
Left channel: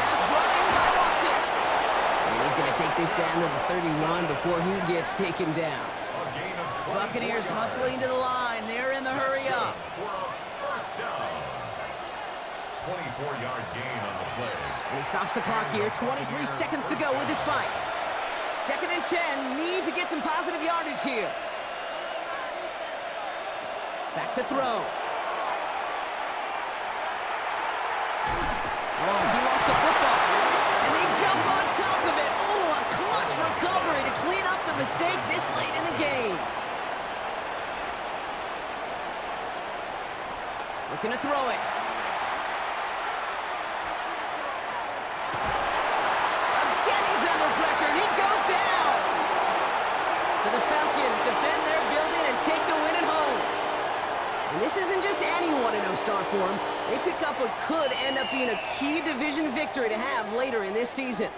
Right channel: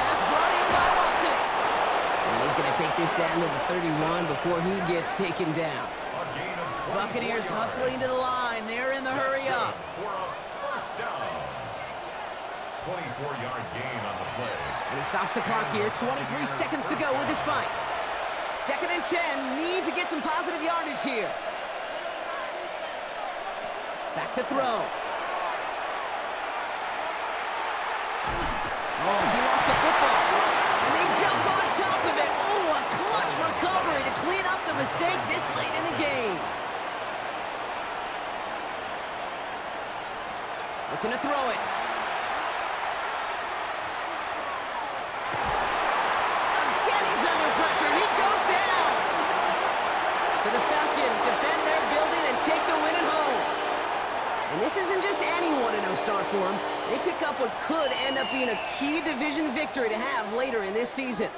Pass brought in by Watson. And he's going to take this down to the 31 before he gets taken down. Buccaneers hustling to the line. They're in the hurry up. For a first down. 24-yard gain on the play. And he stops the clock here. 23 seconds to go with the spike. 2nd and 10. Need to get some positive yardage here. Back to throw. Oh, he lost the football. And they jump on top of it. Oh, a clutch recovery to clean up the mistake this late in the game. Looking to throw it. Again, he's under pressure, and he goes down. So the Falcons defend their building and take the win at home. And this isn't just any 1-0 start for them. They pick up what could end up being a key division victory to have later in this season.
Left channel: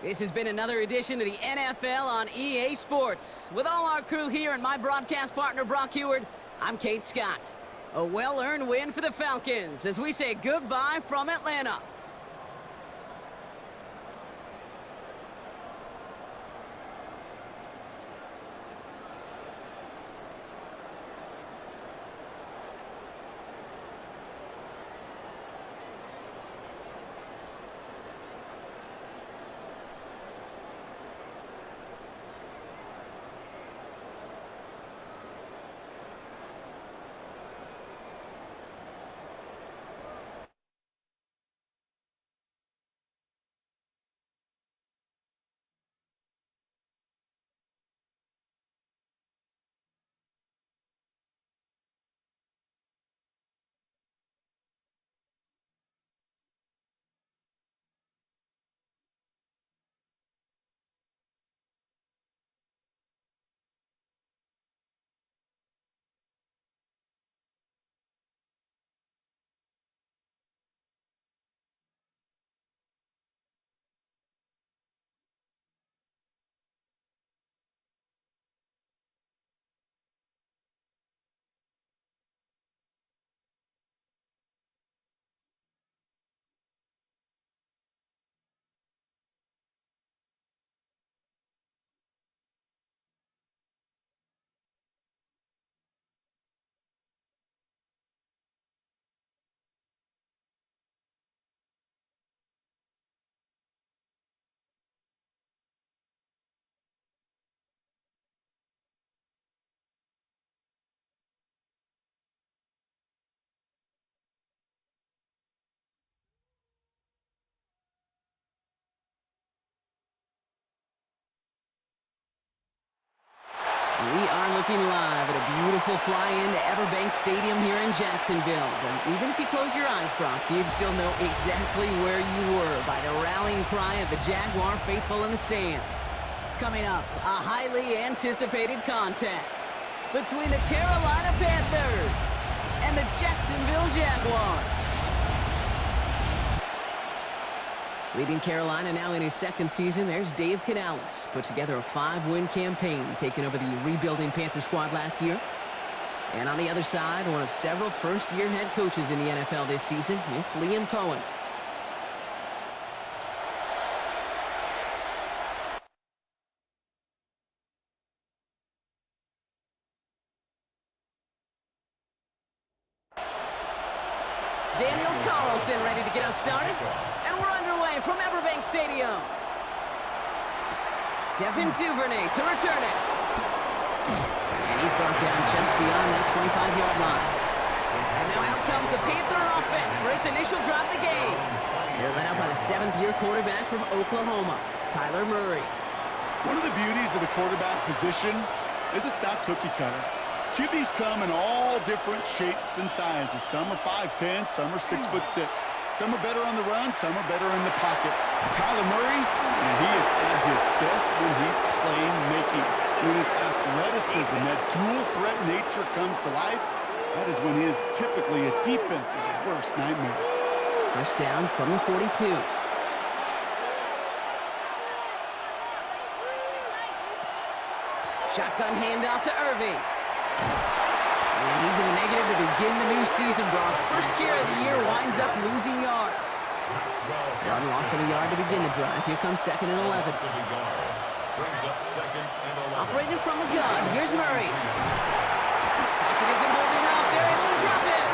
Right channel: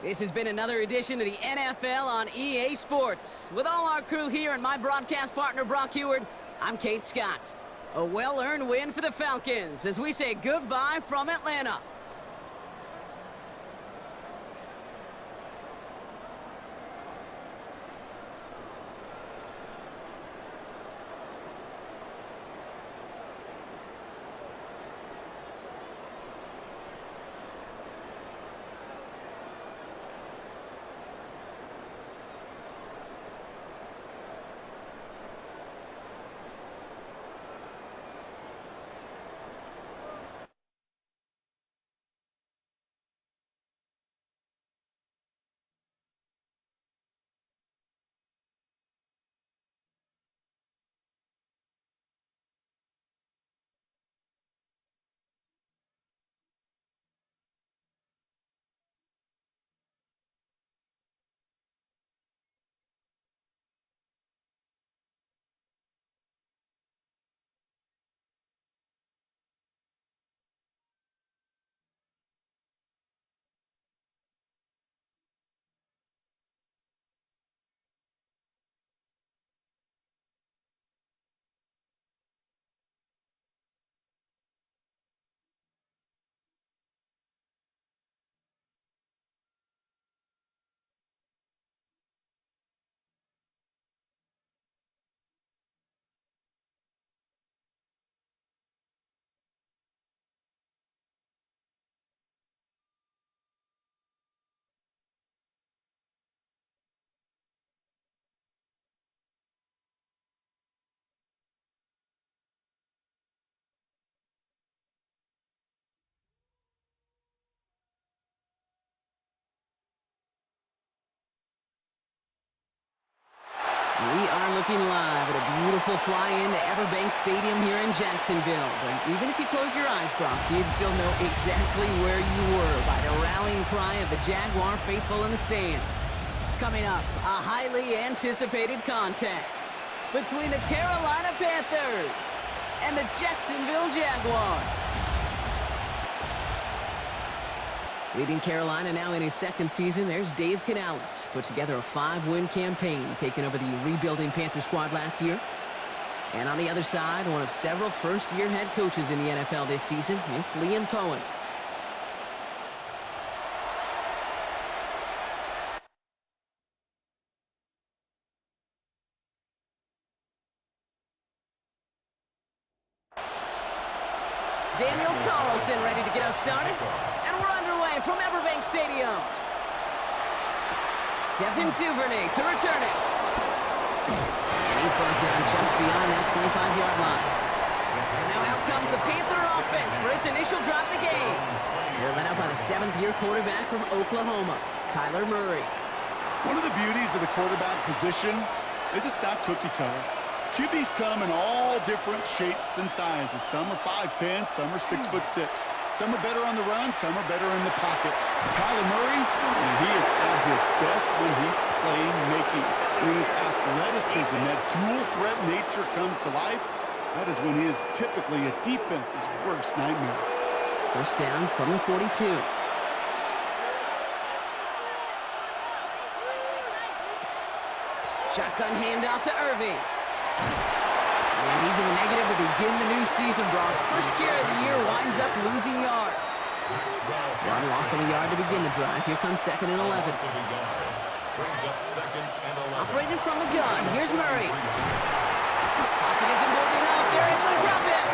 This has been another edition of the NFL on EA Sports. With all our crew here and my broadcast partner, Brock Heward, I'm Kate Scott. A well-earned win for the Falcons as we say goodbye from Atlanta. We are looking live at a beautiful fly-in to Everbank Stadium here in Jacksonville. But even if you close your eyes, Brock, you'd still know exactly where you were by the rallying cry of the Jaguar faithful in the stands. Coming up, a highly anticipated contest between the Carolina Panthers and the Jacksonville Jaguars. Leading Carolina now in his second season, there's Dave Canales. Put together a 5-win campaign, taking over the rebuilding Panther squad last year. And on the other side, one of several first-year head coaches in the NFL this season, it's Liam Cohen. Daniel Carlson ready to get us started. And we're underway from Everbank Stadium. Devin Duvernay to return it. And he's brought down just beyond that 25-yard line. And now out comes the Panther offense for its initial drive of the game. They're led out by the 7th-year quarterback from Oklahoma, Kyler Murray. One of the beauties of the quarterback position is it's not cookie cutter. QBs come in all different shapes and sizes. Some are 5'10", some are 6'6". Some are better on the run, some are better in the pocket. Kyler Murray, and he is at his best when he's playmaking. When his athleticism, that dual threat nature comes to life, that is when he is typically a defense's worst nightmare. First down from the 42. Shotgun handoff to Irving. And he's in the negative to begin the new season, Brock. First carry of the year winds up losing yards. One loss of a yard to begin the drive. Here comes 2nd and 11. Operating from the gun, here's Murray. Pocket isn't holding up. They're able to drop it.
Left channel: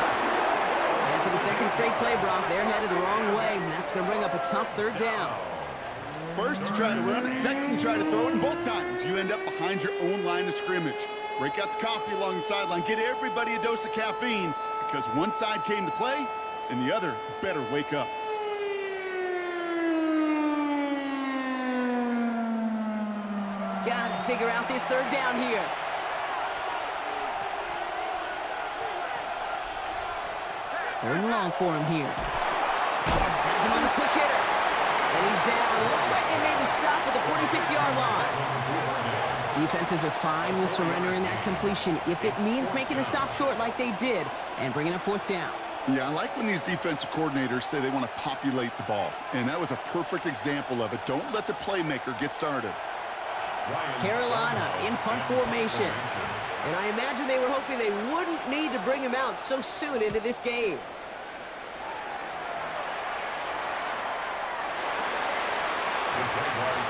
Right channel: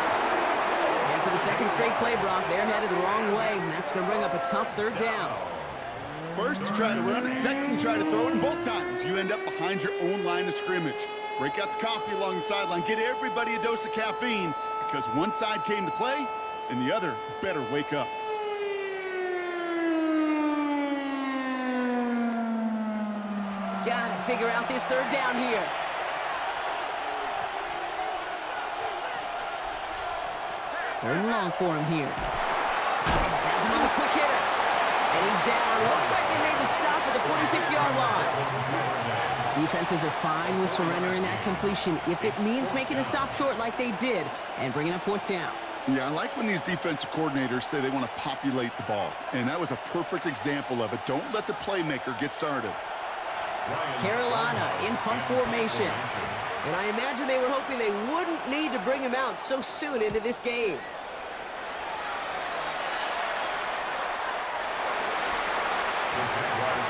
And for the second straight play, Brock, they're headed the wrong way, and that's going to bring up a tough 3rd down. First, you try to run it. Second, you try to throw it. And both times, you end up behind your own line of scrimmage. Break out the coffee along the sideline. Get everybody a dose of caffeine because one side came to play and the other better wake up. Got to figure out this 3rd down here. Third and long for him here. Has him on the quick hitter. And he's down. Looks like they made the stop at the 46-yard line. Defenses are fine with surrendering that completion if it means making the stop short like they did and bringing up 4th down. Yeah, I like when these defensive coordinators say they want to populate the ball. And that was a perfect example of it. Don't let the playmaker get started. Carolina in punt formation. And I imagine they were hoping they wouldn't need to bring him out so soon into this game.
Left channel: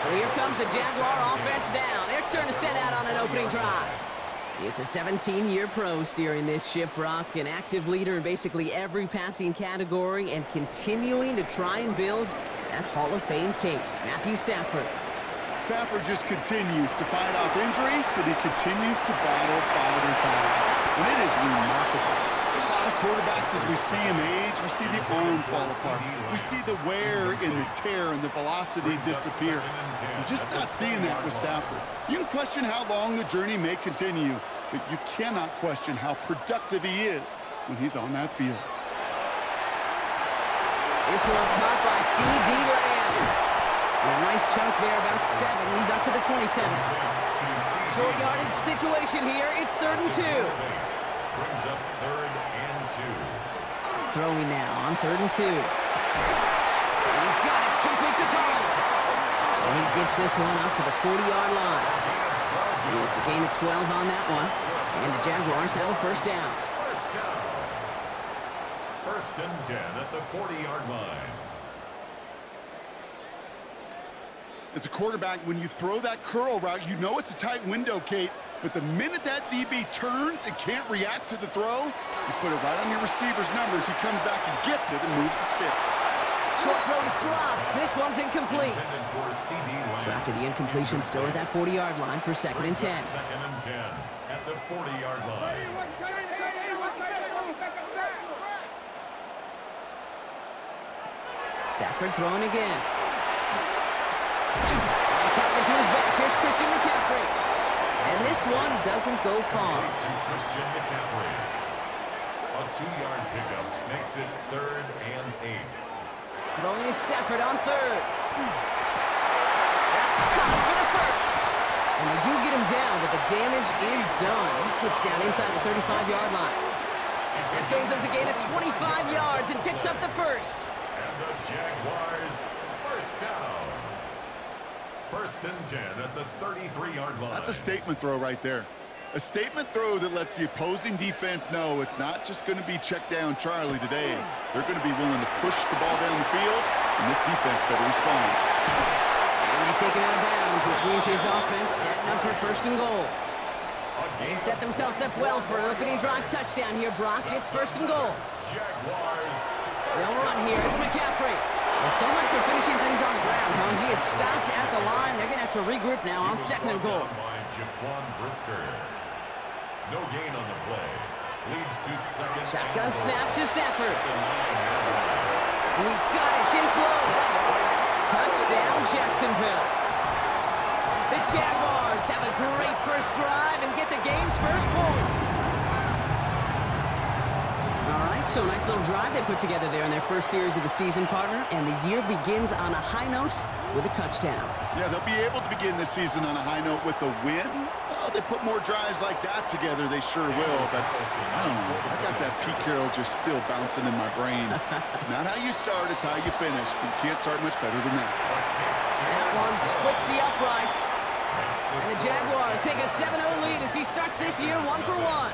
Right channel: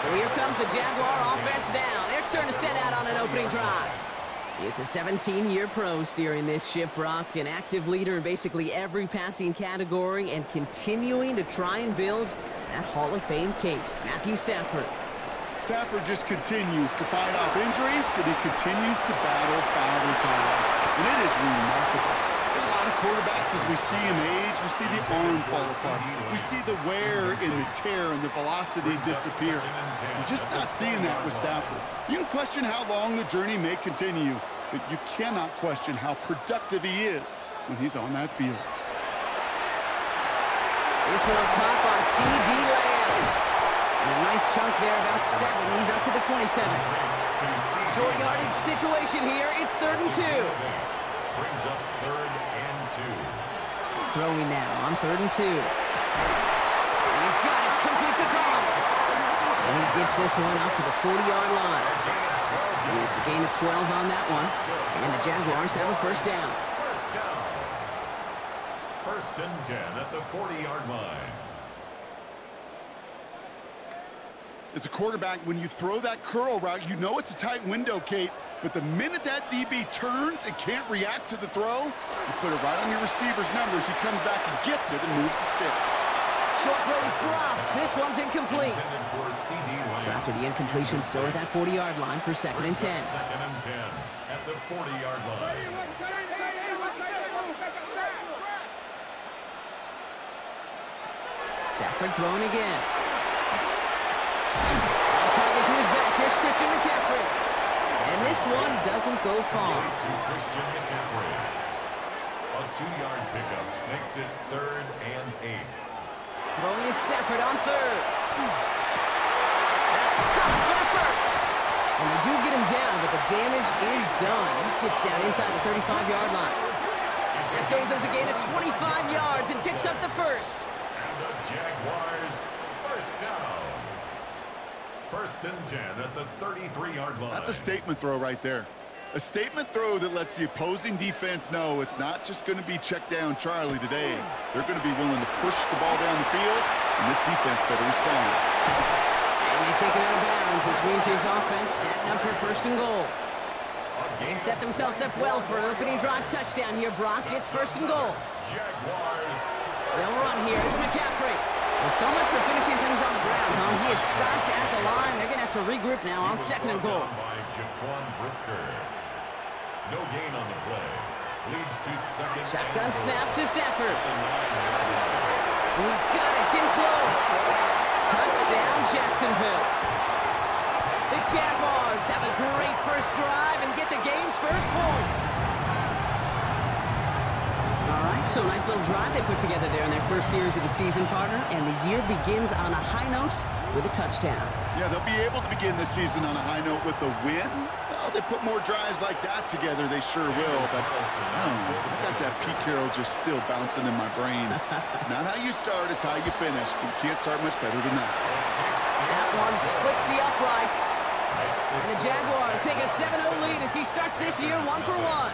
So here comes the Jaguar offense now. Their turn to set out on an opening drive. It's a 17-year pro steering this ship, Brock, an active leader in basically every passing category and continuing to try and build that Hall of Fame case. Matthew Stafford. Stafford just continues to fight off injuries, and he continues to battle Father Time. And it is remarkable. There's a lot of quarterbacks as we see him age. We see the arm fall apart. We see the wear and the tear and the velocity disappear. You're just not seeing that with Stafford. You can question how long the journey may continue, but you cannot question how productive he is when he's on that field. This one caught by C.D. Lamb. And a nice chunk there, about 7. He's up to the 27. Short yardage situation here. It's 3rd and 2. Brings up 3rd and 2. Throwing now on 3rd and 2. He's got it. Complete to Collins. And he gets this one up to the 40-yard line. It's a gain of 12 on that one. And the Jaguars have a 1st down. 1st and 10 at the 40-yard line. As a quarterback, when you throw that curl route, you know it's a tight window, Kate. But the minute that DB turns and can't react to the throw, you put it right on your receiver's numbers. He comes back and gets it and moves the sticks. Short throw is dropped. This one's incomplete. So after the incompletion, still at that 40-yard line for 2nd and 10. 2nd and 10 at the 40-yard line. Stafford throwing again. On target to his back. Here's Christian McCaffrey. And this one doesn't go far. To Christian McCaffrey. A 2-yard pickup makes it 3rd and 8. Throwing to Stafford on 3rd. That's caught for the first. And they do get him down, but the damage is done. He gets down inside the 35-yard line. That goes as a gain of 25 yards and picks up the first. And the Jaguars first down. 1st and 10 at the 33-yard line. That's a statement throw right there. A statement throw that lets the opposing defense know it's not just going to be check down Charlie today. They're going to be willing to push the ball down the field, and this defense better respond. And they take him out of bounds, which means his offense setting up for 1st and goal. They've set themselves up well for an opening drive touchdown here, Brock. It's 1st and goal. Jaguars. They'll run here. It's McCaffrey. Well, so much for finishing things on the ground, huh? He is stopped at the line. They're going to have to regroup now on 2nd and goal. By Jauan Brisker. No gain on the play. Leads to 2nd. Shotgun snap to Stafford. He's got it. It's in close. Touchdown, Jacksonville. The Jaguars have a great first drive and get the game's first points. All right, so nice little drive they put together there in their first series of the season, partner, and the year begins on a high note with a touchdown. Yeah, they'll be able to begin this season on a high note with a win. Well, they put more drives like that together, they sure will, but I don't know. I got that Pete Carroll just still bouncing in my brain. It's not how you start, it's how you finish. But you can't start much better than that. That one splits the uprights. And the Jaguars take a 7-0 lead as he starts this year 1-for-1.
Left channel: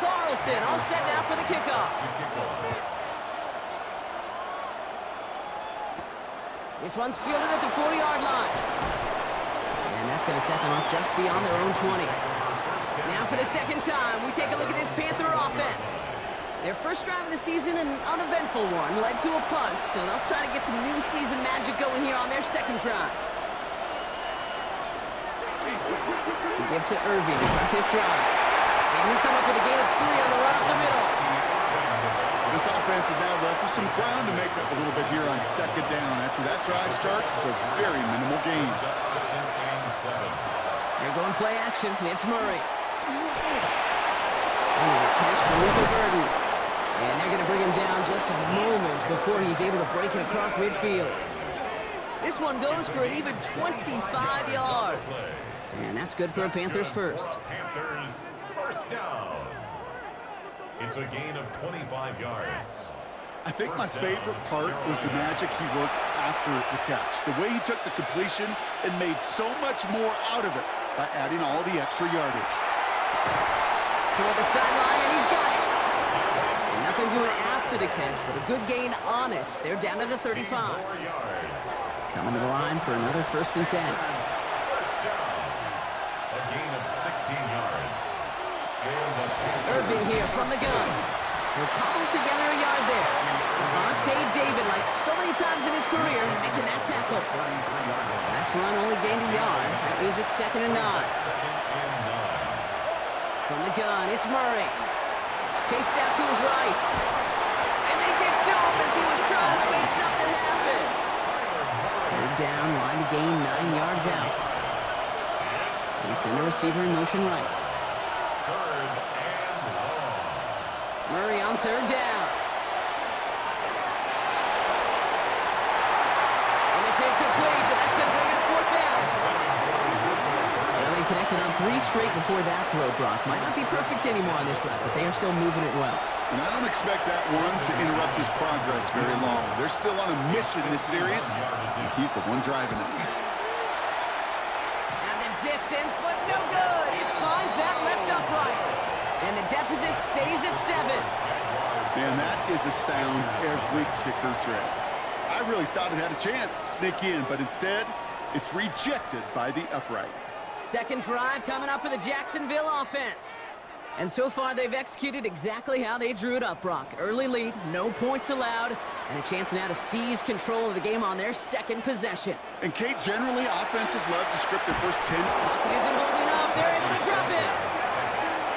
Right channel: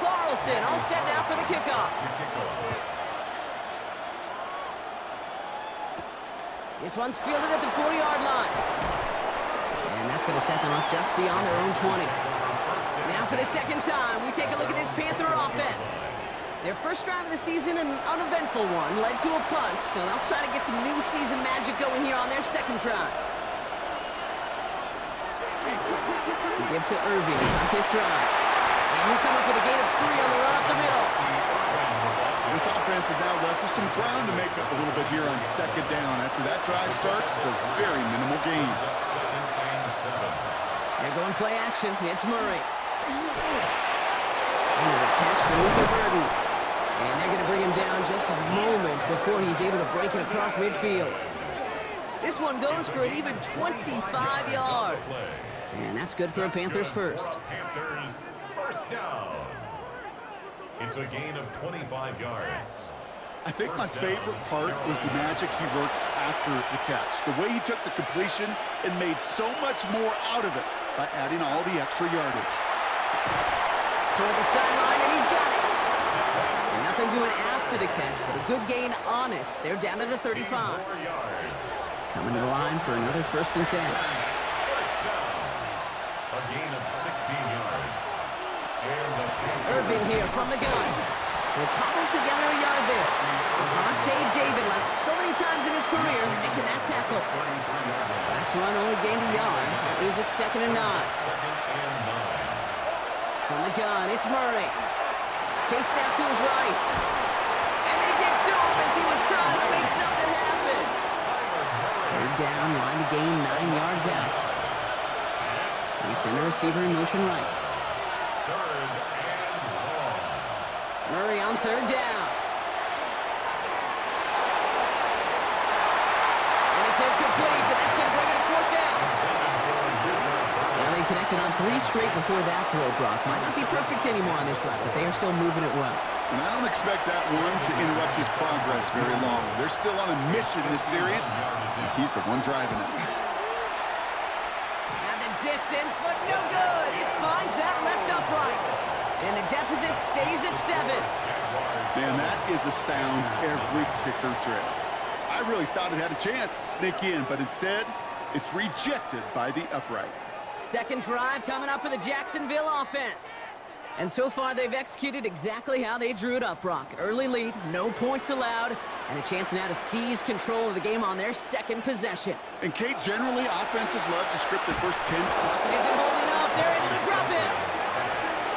Carlson all set now for the kickoff. This one's fielded at the 40-yard line. And that's going to set them up just beyond their own 20. Now for the second time, we take a look at this Panther offense. Their first drive of the season, an uneventful one, led to a punch, so they'll try to get some new season magic going here on their second drive. They give to Irving to start this drive. And he'll come up with a gain of 3 on the run up the middle. This offense is now left with some ground to make up a little bit here on 2nd down. After that drive starts with a very minimal gain. They're going play action. It's Murray. And there's a catch for Luther Burden. And they're going to bring him down just a moment before he's able to break it across midfield. This one goes for an even 25 yards. And that's good for a Panthers first. Panthers first down. It's a gain of 25 yards. I think my favorite part was the magic he worked after the catch. The way he took the completion and made so much more out of it by adding all the extra yardage. Toward the sideline, and he's got it. And nothing doing after the catch, but a good gain on it. They're down to the 35. Coming to the line for another 1st and 10. First down. A gain of 16 yards. And Irving here from the gun. He'll cobble together a yard there. Levante David, like so many times in his career, making that tackle. Last run only gained a yard. That means it's 2nd and 9. From the gun, it's Murray. Chased out to his right. And they get to him as he was trying to make something happen. 3rd down, line to gain 9 yards out. They send a receiver in motion right. Murray on 3rd down. And it's incomplete, and that's going to bring it up 4th down. Well, they connected on 3 straight before that throw, Brock. Might not be perfect anymore on this drive, but they are still moving it well. And I don't expect that one to interrupt his progress very long. They're still on a mission this series. He's the one driving it. And the distance, but no good. It finds that left upright. And the deficit stays at 7. Man, that is a sound every kicker dreads. I really thought it had a chance to sneak in, but instead, it's rejected by the upright. Second drive coming up for the Jacksonville offense. And so far, they've executed exactly how they drew it up, Brock. Early lead, no points allowed, and a chance now to seize control of the game on their second possession. And, Kate, generally, offenses love to script their first 10. Pocket isn't holding up. They're able to drop him.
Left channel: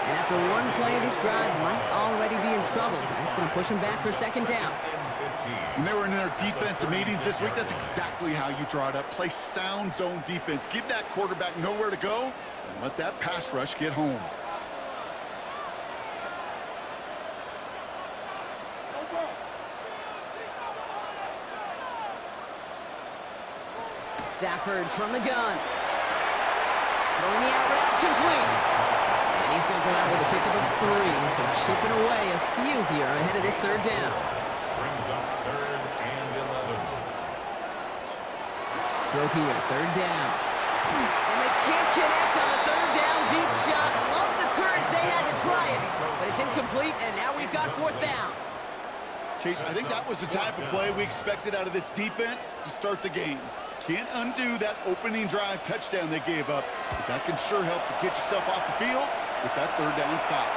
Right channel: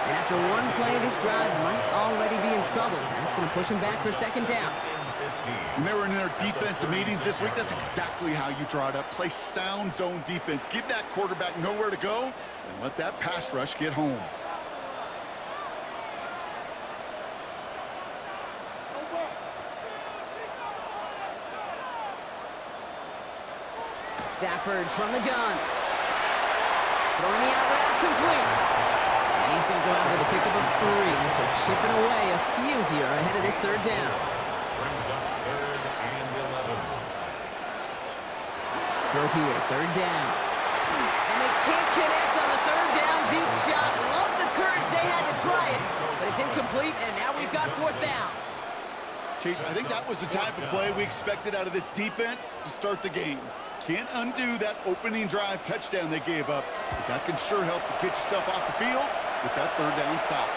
And after one play, this drive might already be in trouble. That's going to push him back for second down. When they were in their defensive meetings this week, that's exactly how you draw it up. Play sound zone defense. Give that quarterback nowhere to go and let that pass rush get home. Stafford from the gun. Throwing the out route complete. And he's going to go out with a pickup of 3. So chipping away a few here ahead of this third down. Brings up 3rd and 11. Throw here, third down. And they can't connect on the third down deep shot. Love the courage they had to try it, but it's incomplete, and now we've got 4th down. Kate, I think that was the type of play we expected out of this defense to start the game. Can't undo that opening drive touchdown they gave up, but that can sure help to get yourself off the field with that third down stop.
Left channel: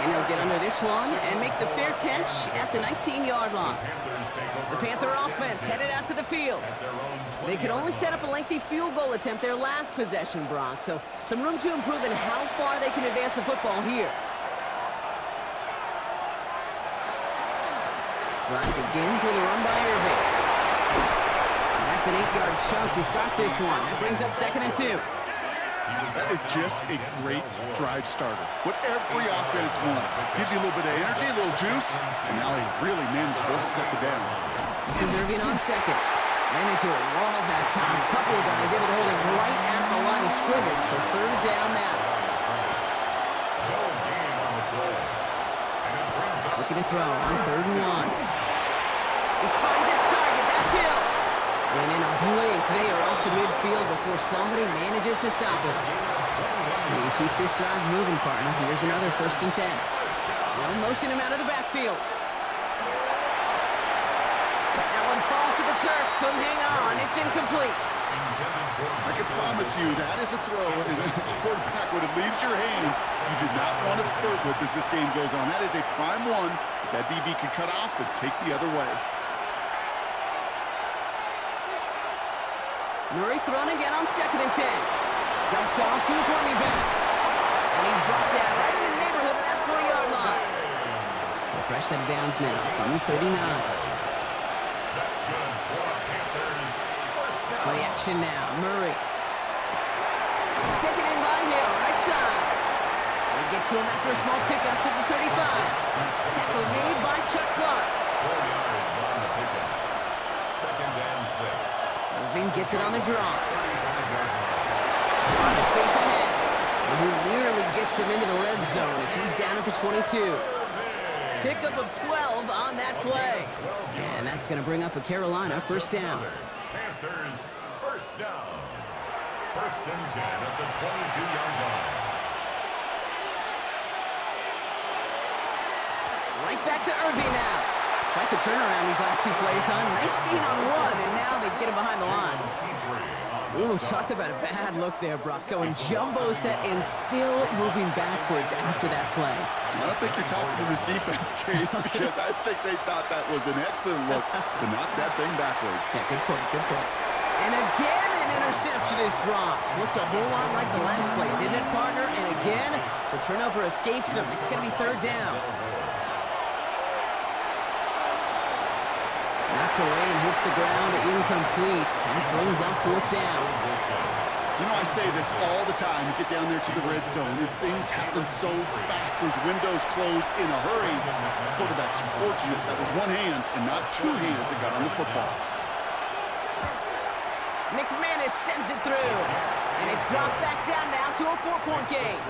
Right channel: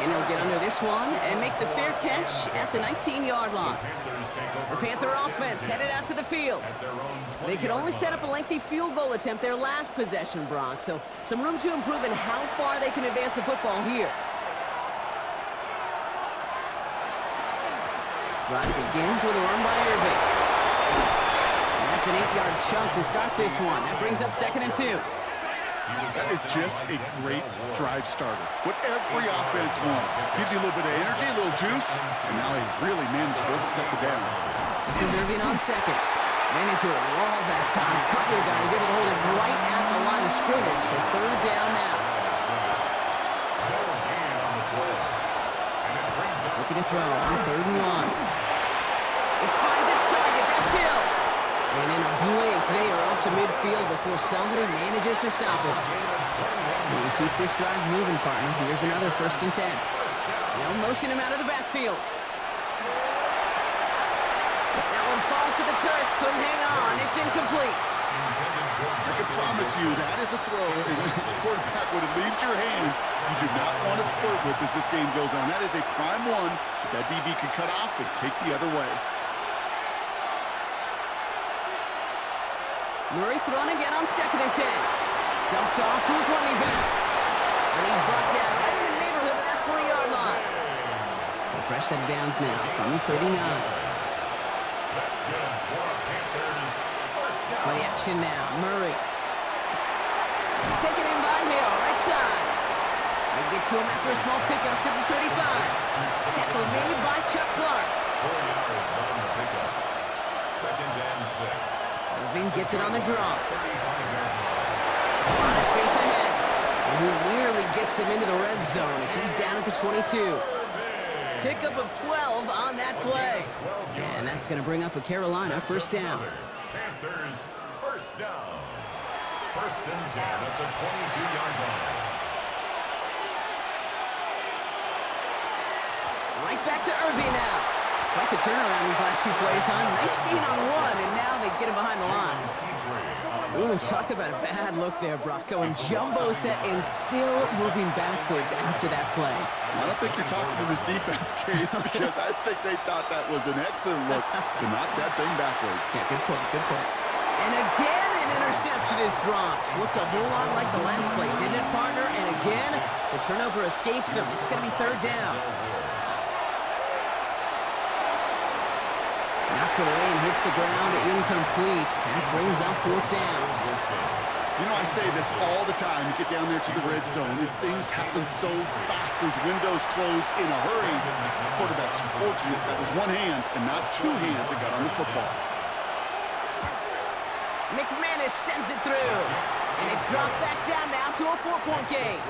And he'll get under this one and make the fair catch at the 19-yard line. The Panther offense headed out to the field. They could only set up a lengthy field goal attempt their last possession, Brock, so some room to improve in how far they can advance the football here. Drive begins with a run by Irving. And that's an 8-yard chunk to start this one. That brings up 2nd and 2. That is just a great drive starter. What every offense wants. Gives you a little bit of energy, a little juice, and now he really managed to set the down. This is Irving on 2nd. Ran into a wall that time. A couple of guys able to hold him right at the line of scrimmage. So 3rd down now. Looking to throw on 3rd and 1. This finds its target. That's Hill. And in a blink, they are off to midfield before somebody manages to stop him. You keep this drive moving, partner. Here's another 1st and 10. They'll motion him out of the backfield. That one falls to the turf. Couldn't hang on. It's incomplete. I can promise you that is a throw, and as a quarterback, when it leaves your hands, you do not want to flirt with as this game goes on. That is a prime one that DB can cut off and take the other way. Murray thrown again on 2nd and 10. Dumped off to his running back. And he's brought down right in the neighborhood of that 40-yard line. So fresh set of downs now from the 39. That's good for Panthers. First down. Play action now. Murray. Taken in by Hill, right side. They get to him after a small pickup to the 35. Tackle made by Chuck Clark. 4 yards on the pickup. 2nd and 6. Irving gets it on the draw. 35-yard line. A lot of space ahead. And who nearly gets them into the red zone as he's down at the 22. Pickup of 12 on that play. And that's going to bring up a Carolina 1st down. Panthers first down. 1st and 10 at the 22-yard line. Right back to Irving now. Quite the turnaround these last 2 plays, huh? Nice gain on 1, and now they get him behind the line. Ooh, talk about a bad look there, Brock. Going jumbo set and still moving backwards after that play. I don't think you're talking to this defense, Kate, because I think they thought that was an excellent look to knock that thing backwards. Yeah, good point, good point. And again, an interception is dropped. Looked a whole lot like the last play, didn't it, partner? And again, the turnover escapes him. It's going to be 3rd down. Knocked away and hits the ground, incomplete. That brings up 4th down. You know, I say this all the time. You get down there to the red zone, and things happen so fast. Those windows close in a hurry. Quarterback's fortunate that was one hand and not 2 hands that got on the football. McManus sends it through. And it's dropped back down now to a 4-point game.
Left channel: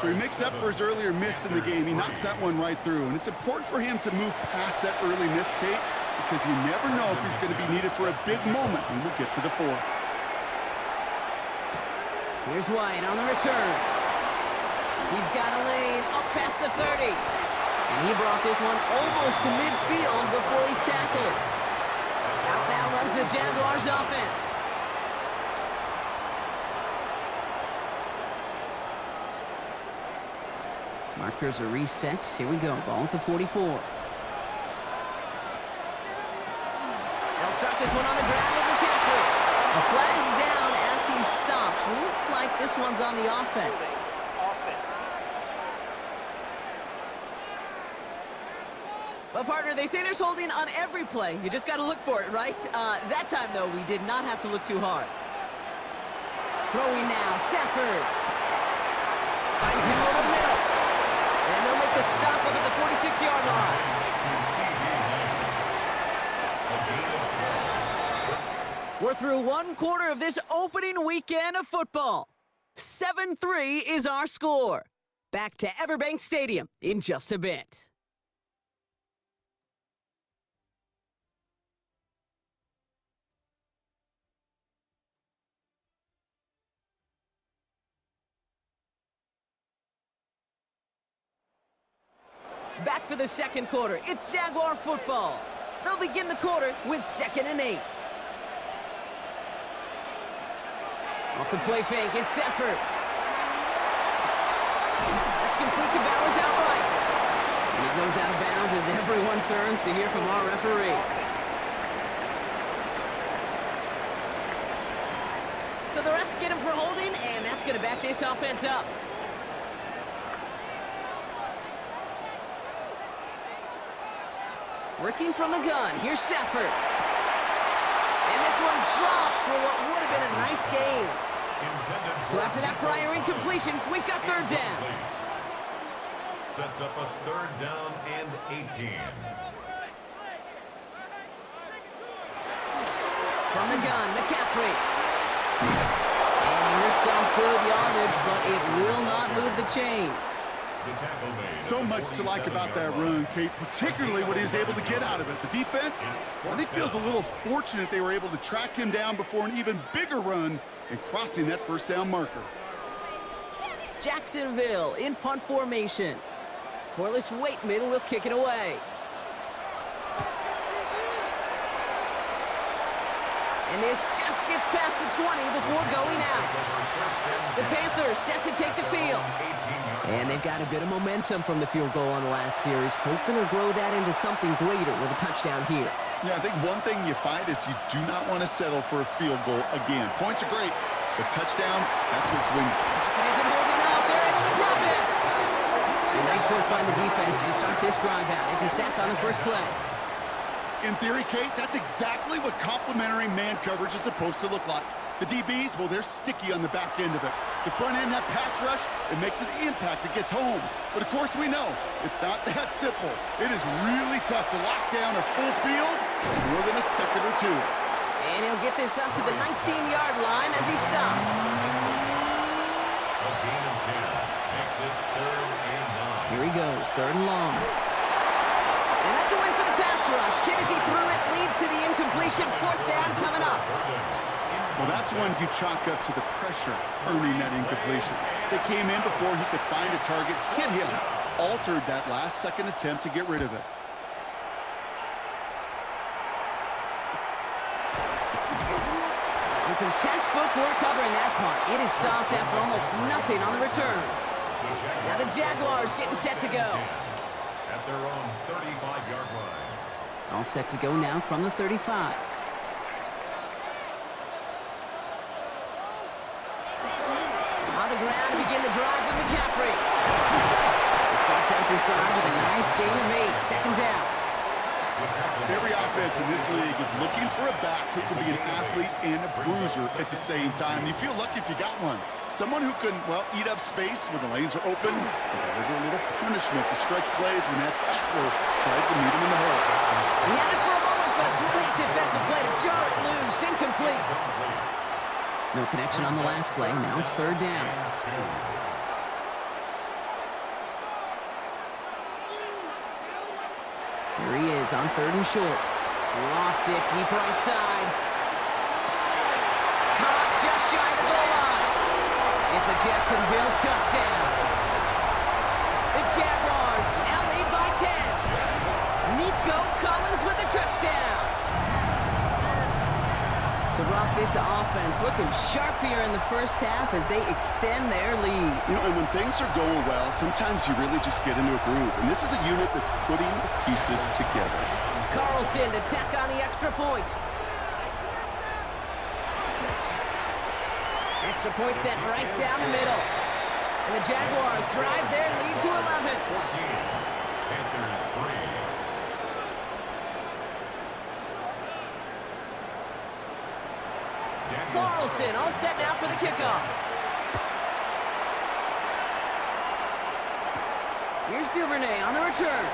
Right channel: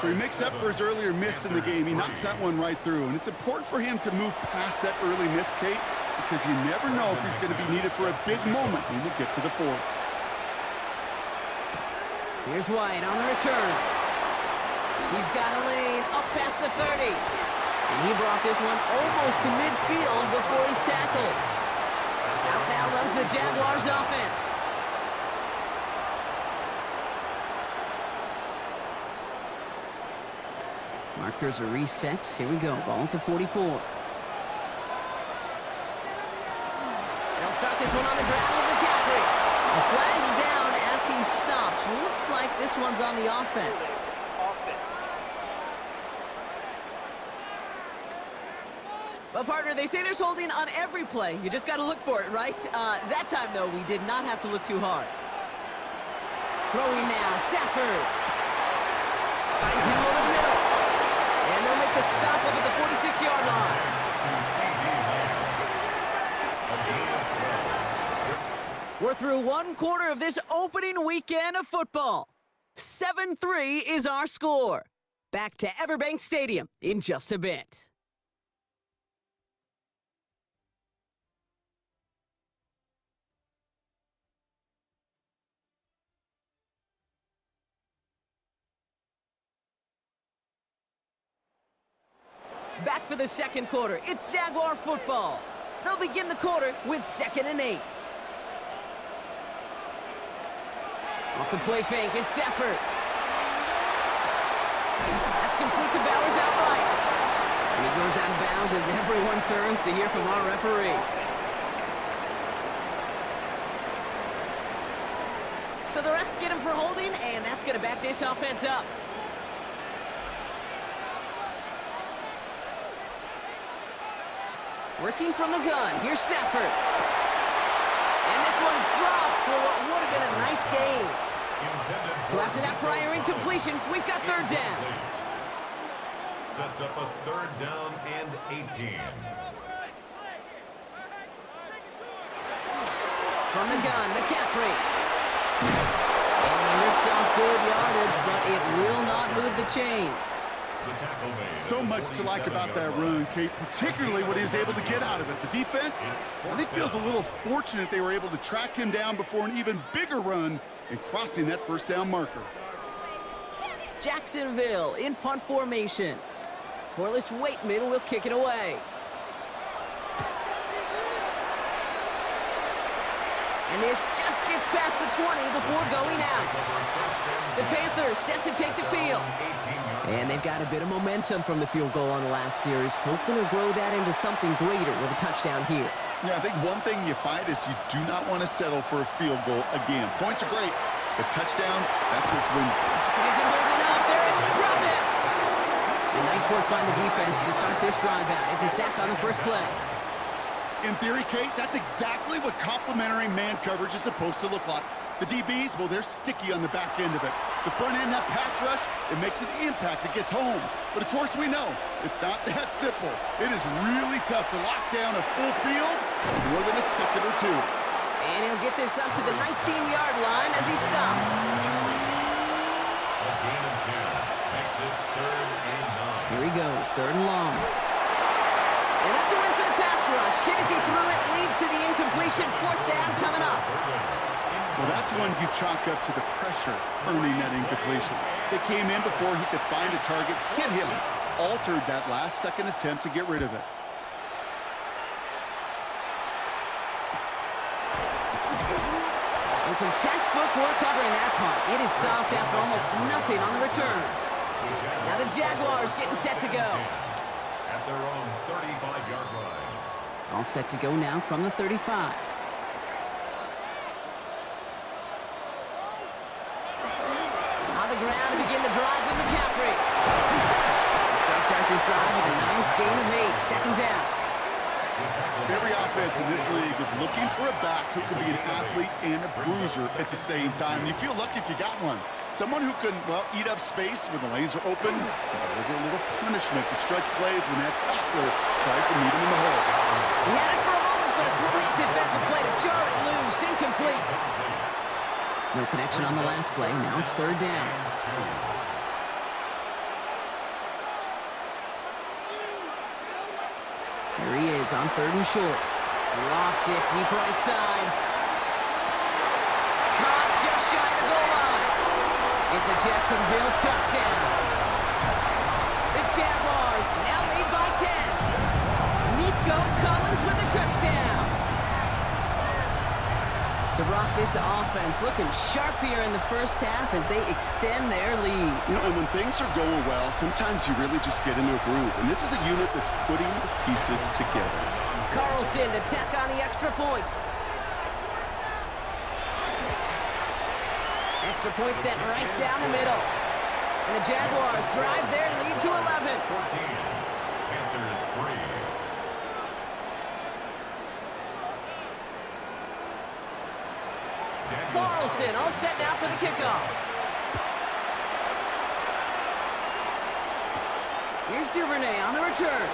So he makes up for his earlier miss in the game. He knocks that one right through. And it's important for him to move past that early miss, Kate, because you never know if he's going to be needed for a big moment when we get to the 4th. Here's White on the return. He's got a lane up past the 30. And he brought this one almost to midfield before he's tackled. Out now runs the Jaguars offense. Markers are reset. Here we go. Ball at the 44. They'll start this one on the ground with McCaffrey. A flag's down as he stops. Looks like this one's on the offense. Well, partner, they say there's holding on every play. You just got to look for it, right? That time, though, we did not have to look too hard. Throwing now, Stafford. Finds him over the middle. And they'll make the stop up at the 46-yard line. We're through one quarter of this opening weekend of football. 7-3 is our score. Back to Everbank Stadium in just a bit. Back for the second quarter. It's Jaguar football. They'll begin the quarter with 2nd and 8. Off the play fake, it's Stafford. That's complete to Bowers outright. And he goes out of bounds as everyone turns to hear from our referee. So the refs get him for holding, and that's going to back this offense up. Working from the gun, here's Stafford. And this one's dropped for what would have been a nice game. So after that prior incompletion, we've got 3rd down. Sets up a 3rd down and 18. From the gun, McCaffrey. And he rips off good yardage, but it will not move the chains. So much to like about that run, Kate, particularly what he was able to get out of it. The defense, I think, feels a little fortunate they were able to track him down before an even bigger run and crossing that 1st down marker. Jacksonville in punt formation. Corliss Waitman will kick it away. And this just gets past the 20 before going out. The Panthers set to take the field. And they've got a bit of momentum from the field goal on the last series, hoping to grow that into something greater with a touchdown here. Yeah, I think one thing you find is you do not want to settle for a field goal again. Points are great, but touchdowns, that's what's winning. Pocket isn't holding up. They're able to drop it. And nice work by the defense to start this drive out. It's a sack on the first play. In theory, Kate, that's exactly what complementary man coverage is supposed to look like. The DBs, well, they're sticky on the back end of it. The front end, that pass rush, it makes an impact that gets home. But of course we know, it's not that simple. It is really tough to lock down a full field in more than a second or two. And he'll get this up to the 19-yard line as he stopped. A gain of 10 makes it 3rd and 9. Here he goes, 3rd and long. And that's a win for the pass rush. Hit as he threw it, leads to the incompletion. 4th down coming up. Well, that's one you chalk up to the pressure earning that incompletion. They came in before he could find a target, hit him, altered that last-second attempt to get rid of it. And some textbook work covering that punt. It is stopped after almost nothing on the return. Now the Jaguars getting set to go. At their own 35-yard line. All set to go now from the 35. On the ground to begin the drive with McCaffrey. He starts out this drive with a nice gain of 8. 2nd down. Every offense in this league is looking for a back who can be an athlete and a bruiser at the same time. You feel lucky if you got one. Someone who can, well, eat up space when the lanes are open and deliver a little punishment to stretch plays when that tackler tries to meet him in the hole. He had it for a moment, but a great defensive play to jar it loose. Incomplete. No connection on the last play. Now it's 3rd down. Here he is on 3rd and short. Lofts it deep right side. Caught just shy of the goal line. It's a Jacksonville touchdown. The Jaguars now lead by 10. Nico Collins with the touchdown. So, Brock, this offense looking sharp here in the first half as they extend their lead. You know, and when things are going well, sometimes you really just get into a groove. And this is a unit that's putting the pieces together. Carlson to tack on the extra point. Extra point sent right down the middle. And the Jaguars drive their lead to 11. 14. Panthers 3. Carlson all set now for the kickoff. Here's Duvernay on the return.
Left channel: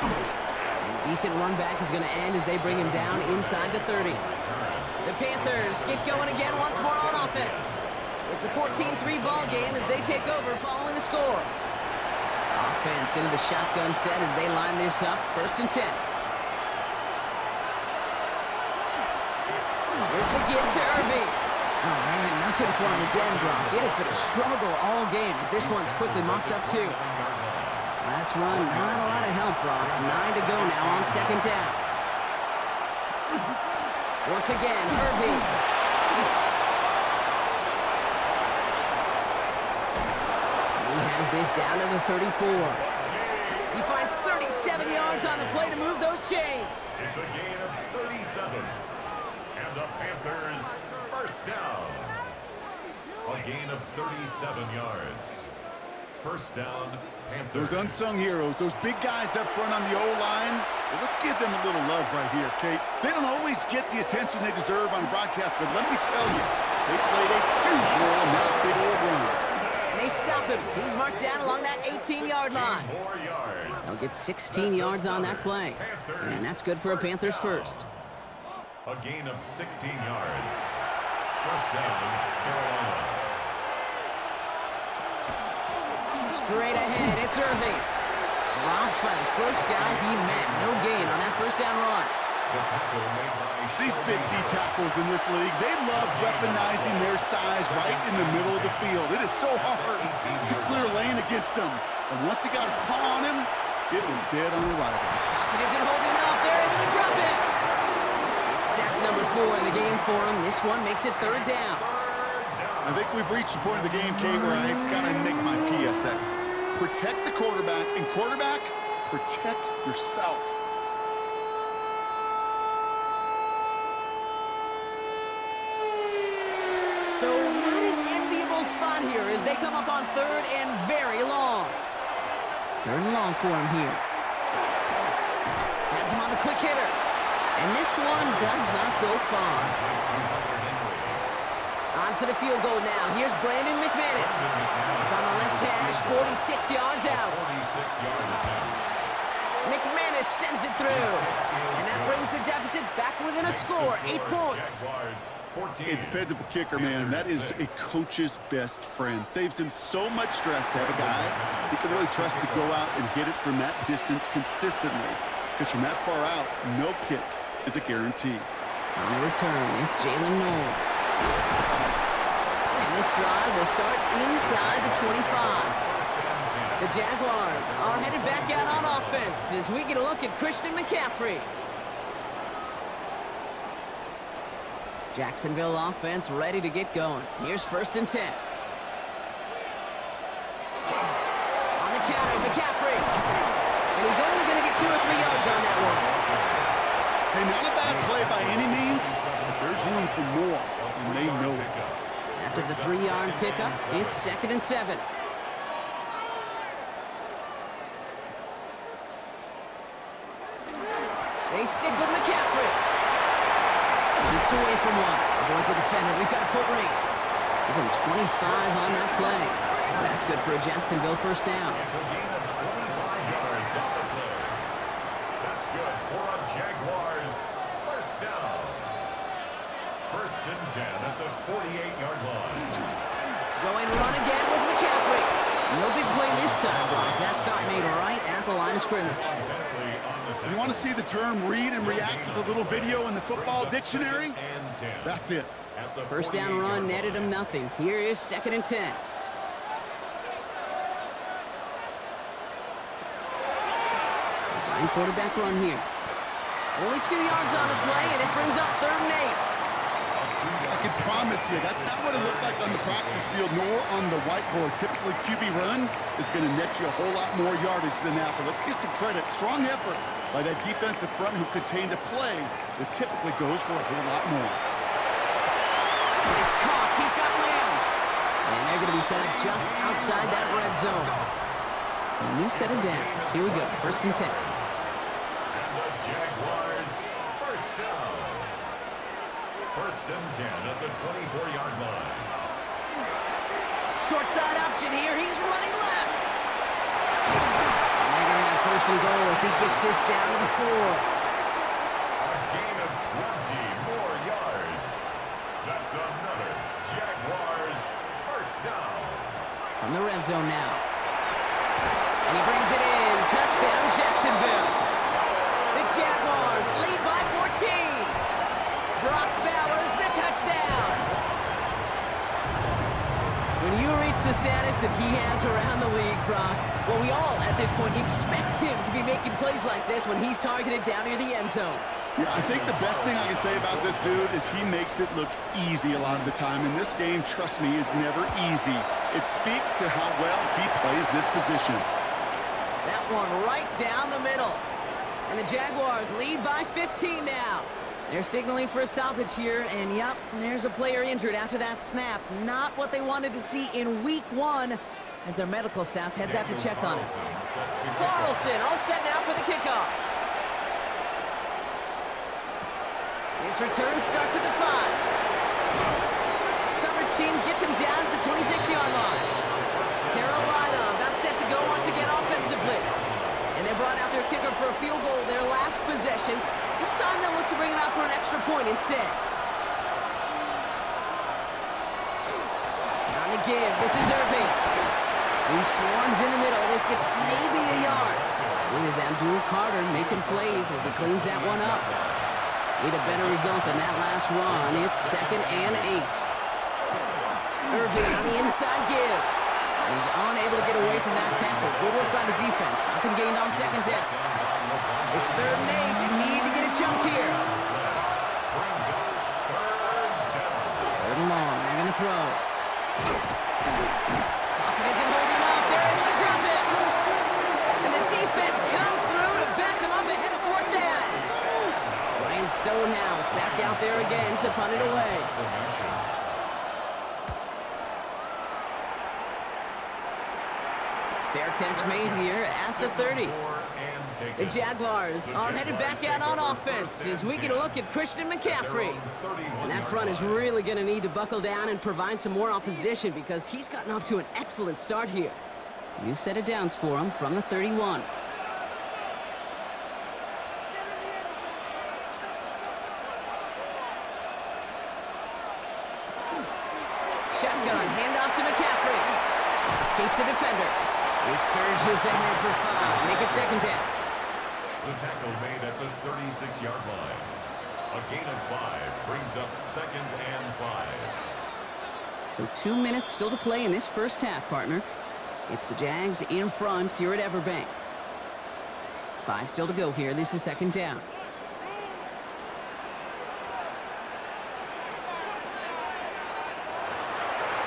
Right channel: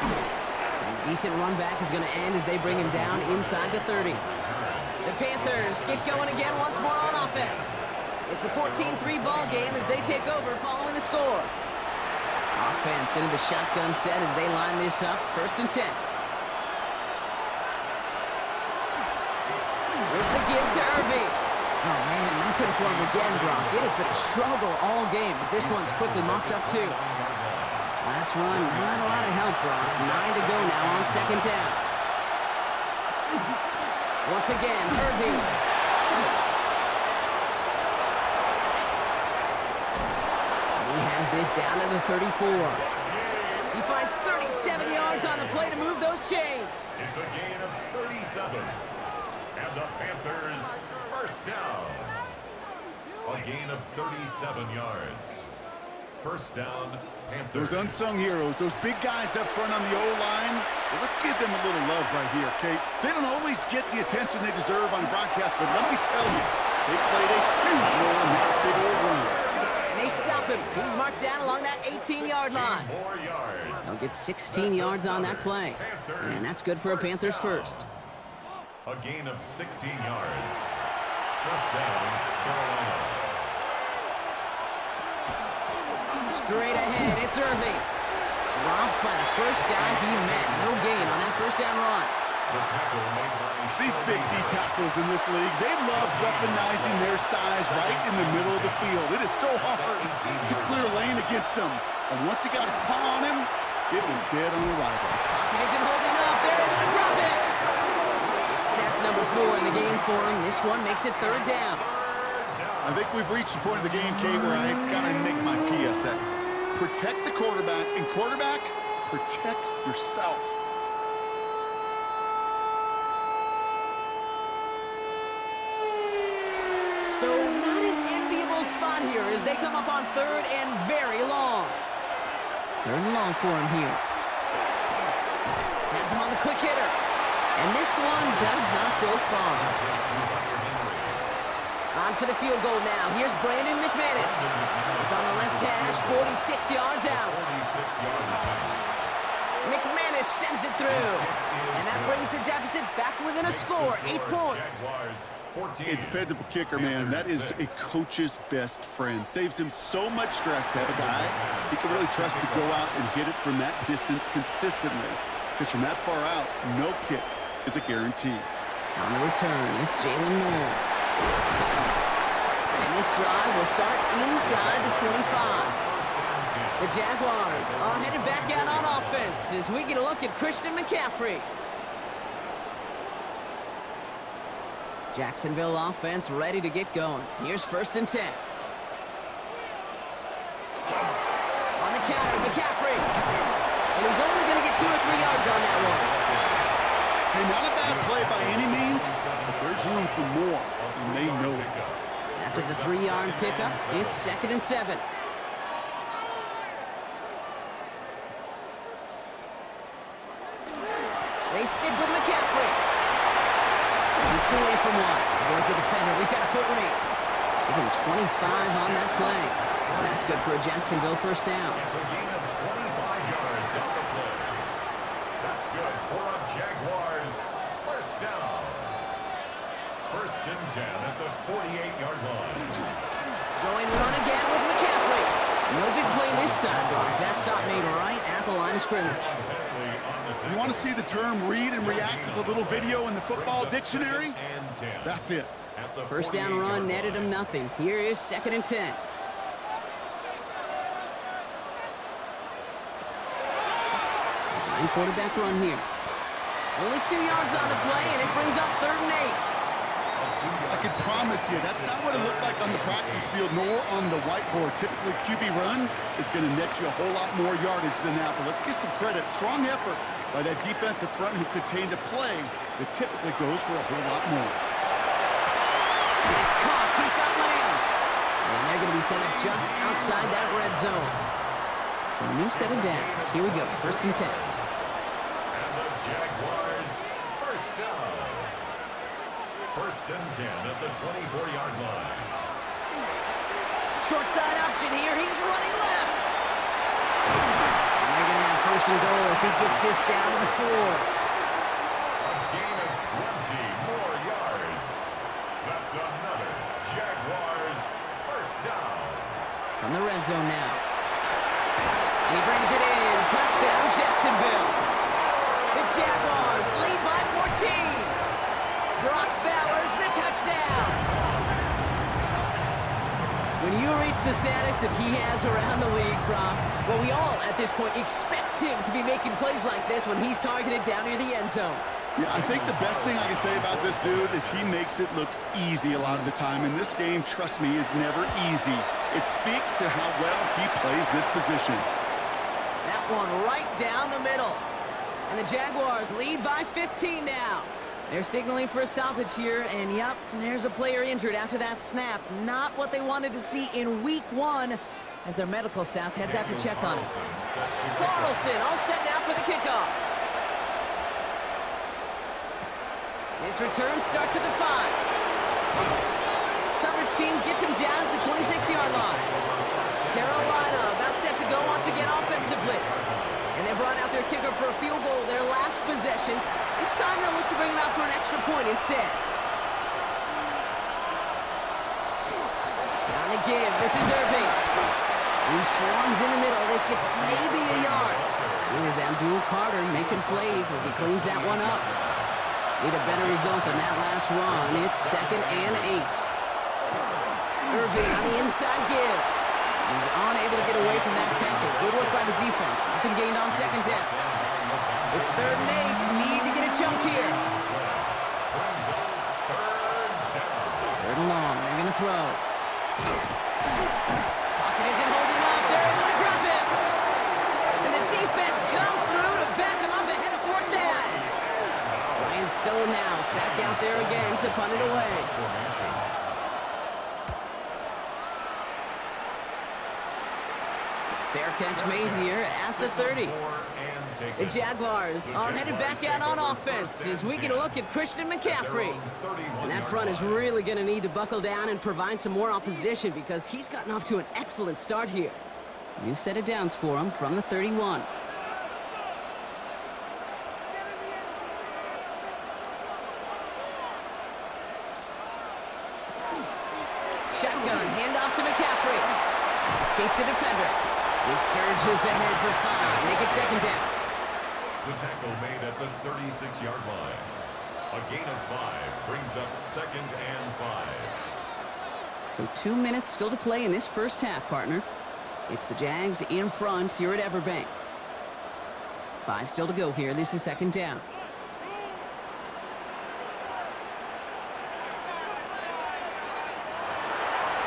And decent run back is going to end as they bring him down inside the 30. The Panthers get going again once more on offense. It's a 14-3 ball game as they take over following the score. Offense into the shotgun set as they line this up. 1st and 10. Here's the give to Irving. Oh, man, nothing for him again, Brock. It has been a struggle all game as this one's quickly mopped up, too. Last run, not a lot of help, Brock. 9 to go now on 2nd down. Once again, Irving. And he has this down to the 34. He finds 37 yards on the play to move those chains. It's a gain of 37. And the Panthers, 1st down. A gain of 37 yards. 1st down, Panthers. Those unsung heroes, those big guys up front on the O-line, well, let's give them a little love right here, Kate. They don't always get the attention they deserve on broadcast, but let me tell you, they played a huge role in that big old run. And they stop him. He's marked down along that 18-yard line. They'll get 16 yards on that play. And that's good for a Panthers first. A gain of 16 yards. 1st down, Carolina. Straight ahead, it's Irving. Dropped by the first guy he met. No gain on that 1st down run. The tackle made by These big D tackles in this league, they love weaponizing their size right in the middle of the field. It is so hard to clear lane against them. And once he got his paw on him, it was dead on arrival. Pocket isn't holding up. They're able to drop it. It's sack number 4 in the game for him. This one makes it 3rd down. I think we've reached the point of the game, Kate, where I gotta make my PSA. Protect the quarterback, and quarterback, protect yourself. So not an enviable spot here as they come up on 3rd and very long. 3rd and long for him here. Has him on the quick hitter. And this one does not go far. On for the field goal now. Here's Brandon McManus. It's on the left hash, 46 yards out. 46-yard attempt. McManus sends it through. And that brings the deficit back within a score, 8 points. A dependable kicker, man. That is a coach's best friend. Saves him so much stress to have a guy he can really trust to go out and hit it from that distance consistently. Because from that far out, no kick is a guarantee. On the return, it's Jalen Noel. And this drive will start inside the 25. The Jaguars are headed back out on offense as we get a look at Christian McCaffrey. Jacksonville offense ready to get going. Here's 1st and 10. On the counter, McCaffrey. And he's only going to get 2 or 3 yards on that one. Hey, not a bad play by any means, but there's room for more, and they know it. After the 3-yard pickup, it's 2nd and 7. They stick with McCaffrey. Shoots away from one. Avoids a defender. We've got a foot race. Give him 25 on that play. And that's good for a Jacksonville 1st down. It's a gain of 25 yards on the play. That's good for a Jaguars 1st down. 1st and 10 at the 48-yard line. Going run again with McCaffrey. No big play this time, Brock. That stop made right at the line of scrimmage. You want to see the term read and react with a little video in the football dictionary? That's it. 1st down run netted him nothing. Here is 2nd and 10. Design quarterback run here. Only 2 yards on the play, and it brings up 3rd and 8. I can promise you, that's not what it looked like on the practice field, nor on the whiteboard. Typically, QB run is going to net you a whole lot more yardage than that, but let's give some credit. Strong effort by that defensive front who contained a play that typically goes for a whole lot more. He's caught. He's got Lamb. And they're going to be set up just outside that red zone. So a new set of downs. Here we go. 1st and 10. And the Jaguars 1st down. First and 10 at the 24-yard line. Short side option here. He's running left. And they're going to have first and goal as he gets this down to the 4. A gain of 20 more yards. That's another Jaguars first down. From the red zone now. And he brings it in. Touchdown, Jacksonville. The Jaguars lead by 14. Brock Bowers, the touchdown. When you reach the status that he has around the league, Brock, well, we all, at this point, expect him to be making plays like this when he's targeted down near the end zone. Yeah, I think the best thing I can say about this dude is he makes it look easy a lot of the time. And this game, trust me, is never easy. It speaks to how well he plays this position. That one right down the middle. And the Jaguars lead by 15 now. They're signaling for a stoppage here, and yep, there's a player injured after that snap. Not what they wanted to see in week 1 as their medical staff heads out to check on him. Carlson all set now for the kickoff. This return starts at the 5. Coverage team gets him down at the 26-yard line. Carolina about set to go once again offensively. And they brought out their kicker for a field goal their last possession. This time they'll look to bring him out for an extra point instead. On the give, this is Irving. He swarms in the middle. This gets maybe a yard. It is Abdul Carter making plays as he cleans that one up. Need a better result than that last run. It's 2nd and 8. Irving on the inside give. He's unable to get away from that tackle. Good work by the defense. Nothing gained on 2nd down. It's 3rd and 8. Need to get a chunk here. 3rd and long. They're going to throw. Pocket isn't holding up. They're able to drop it. And the defense comes through to back him up ahead of 4th down. Ryan Stonehouse back out there again to punt it away. Fair catch made here at the 30. The Jaguars are headed back out on offense as we get a look at Christian McCaffrey. And that front is really going to need to buckle down and provide some more opposition because he's gotten off to an excellent start here. New set of downs for him from the 31. Shotgun, handoff to McCaffrey. Escapes a defender. He surges ahead for 5. Make it 2nd down. The tackle made at the 36-yard line. A gain of 5 brings up 2nd and 5. So 2 minutes still to play in this first half, partner. It's the Jags in front here at Everbank. 5 still to go here. This is 2nd down.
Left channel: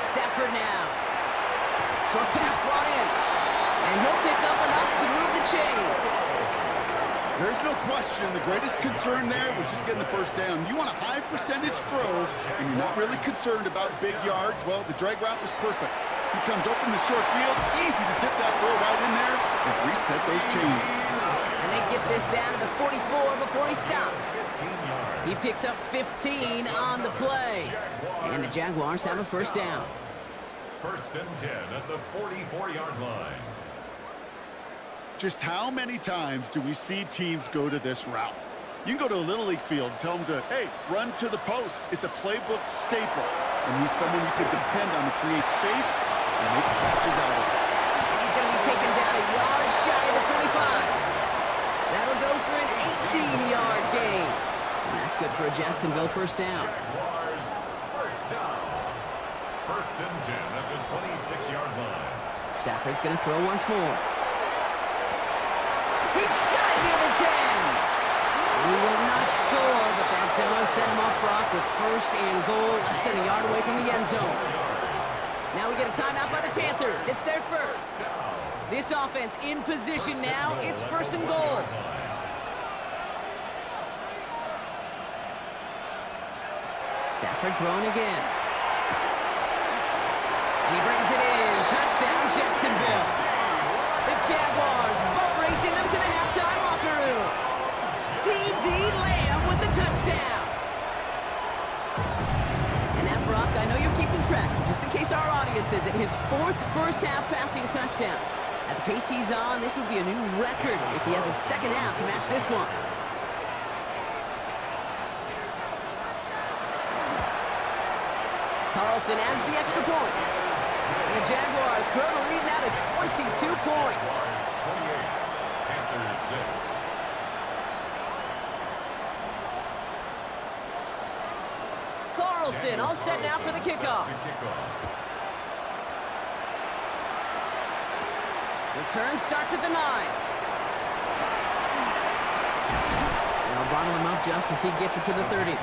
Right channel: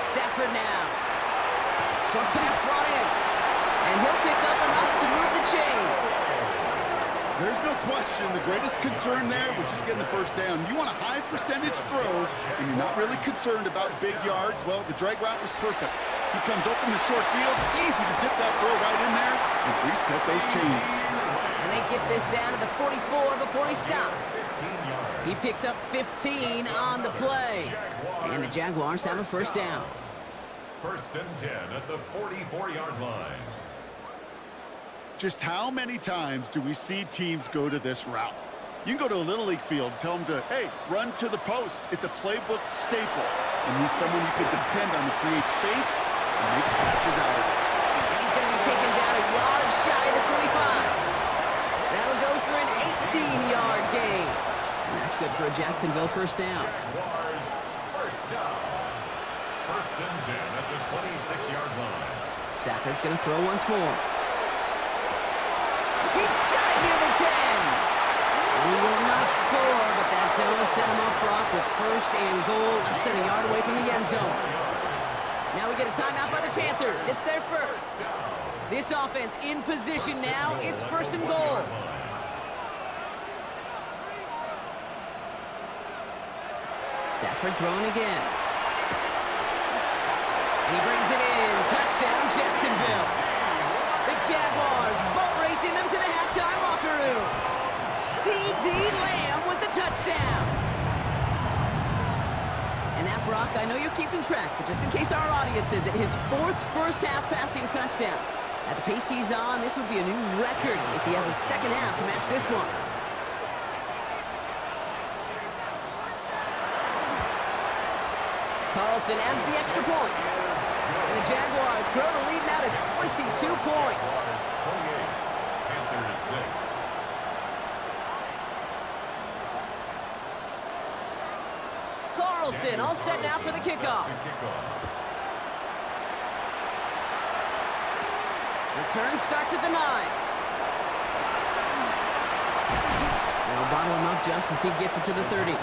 Stafford now. Short pass brought in. And he'll pick up enough to move the chains. There's no question the greatest concern there was just getting the first down. You want a high percentage throw, and you're not really concerned about big yards. Well, the drag route was perfect. He comes open the short field. It's easy to zip that throw right in there and reset those chains. And they get this down to the 44 before he stopped. He picks up 15 on the play. And the Jaguars have a first down. 1st and 10 at the 44-yard line. Just how many times do we see teams go to this route? You can go to a Little League field, tell them to, hey, run to the post. It's a playbook staple. And he's someone you can depend on to create space and make catches out of it. And he's going to be taken down a yard shy of the 25. That'll go for an 18-yard gain. And that's good for a Jacksonville first down. Jaguars first down. 1st and 10 at the 26-yard line. Stafford's going to throw once more. He's got it near the 10. He will not score, but that does set him up, Brock, with 1st and goal, less than a yard away from the end zone. Now we get a timeout by the Panthers. It's their first. This offense in position now. It's 1st and goal. Stafford throwing again. And he brings it in. Touchdown, Jacksonville. The Jaguars boat racing them to the halftime locker room. C.D. Lamb with the touchdown. And that, Brock, I know you're keeping track, but just in case our audience isn't, his 4th first-half passing touchdown. At the pace he's on, this would be a new record if he has a second half to match this one. Carlson adds the extra point. And the Jaguars grow the lead now to 22 points. 28, Panthers 6. Carlson all set now for the kickoff. Return starts at the 9. They'll bottle him up just as he gets it to the 30. Here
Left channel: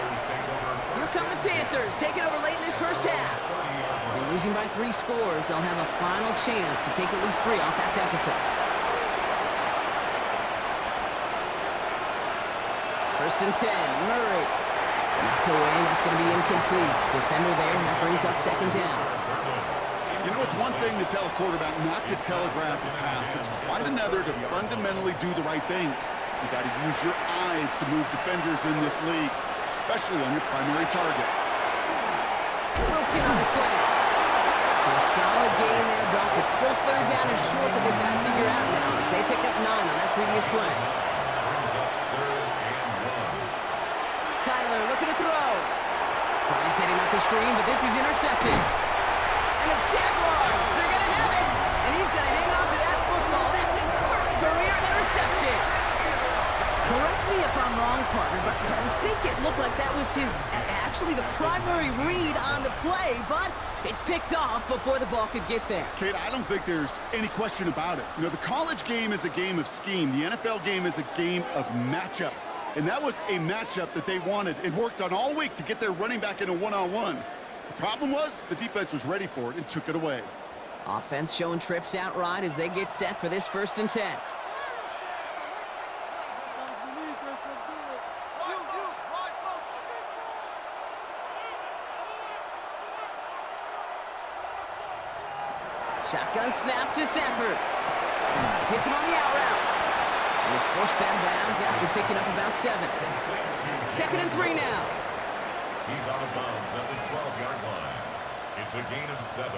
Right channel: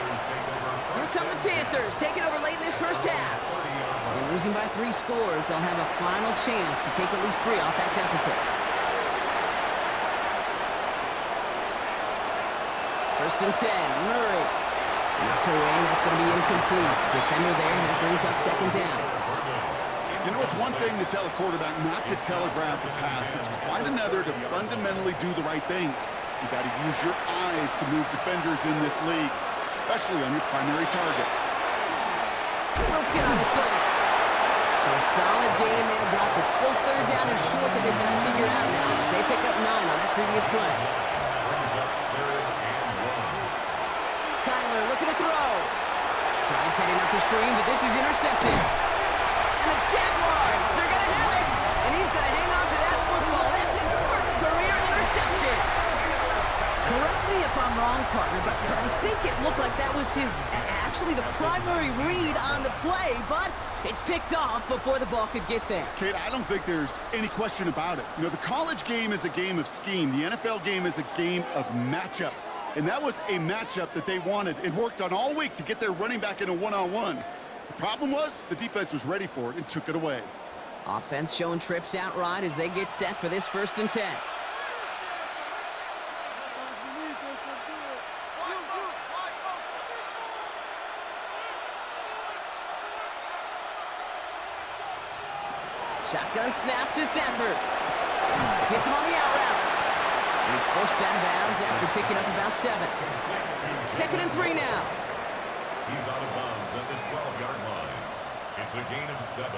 come the Panthers, taking over late in this first half. And losing by 3 scores, they'll have a final chance to take at least 3 off that deficit. First and 10, Murray. Knocked away, that's going to be incomplete. Defender there, and that brings up second down. You know, it's one thing to tell a quarterback not to telegraph a pass. It's quite another to fundamentally do the right things. You got to use your eyes to move defenders in this league, especially on your primary target. Wilson on the slant. So a solid gain there, Brock. It's still third down and short that they've got to figure out now as they pick up 9 on that previous play. Brings up 3rd and 1. Kyler looking to throw. Tries heading up the screen, but this is intercepted. And the Jaguars, they're going to have it. And he's going to hang on to that football. That's his first career interception. Correct me if I'm wrong, partner, but I think it looked like that was actually the primary read on the play, but it's picked off before the ball could get there. Kate, I don't think there's any question about it. You know, the college game is a game of scheme. The NFL game is a game of matchups. And that was a matchup that they wanted and worked on all week to get their running back in a one-on-one. The problem was the defense was ready for it and took it away. Offense showing trips outright as they get set for this 1st and 10. Shotgun snap to Sanford. Hits him on the out route. And he's forced out of bounds after picking up about 7. 2nd and 3 now. He's out of bounds at the 12-yard line. It's a gain of 7.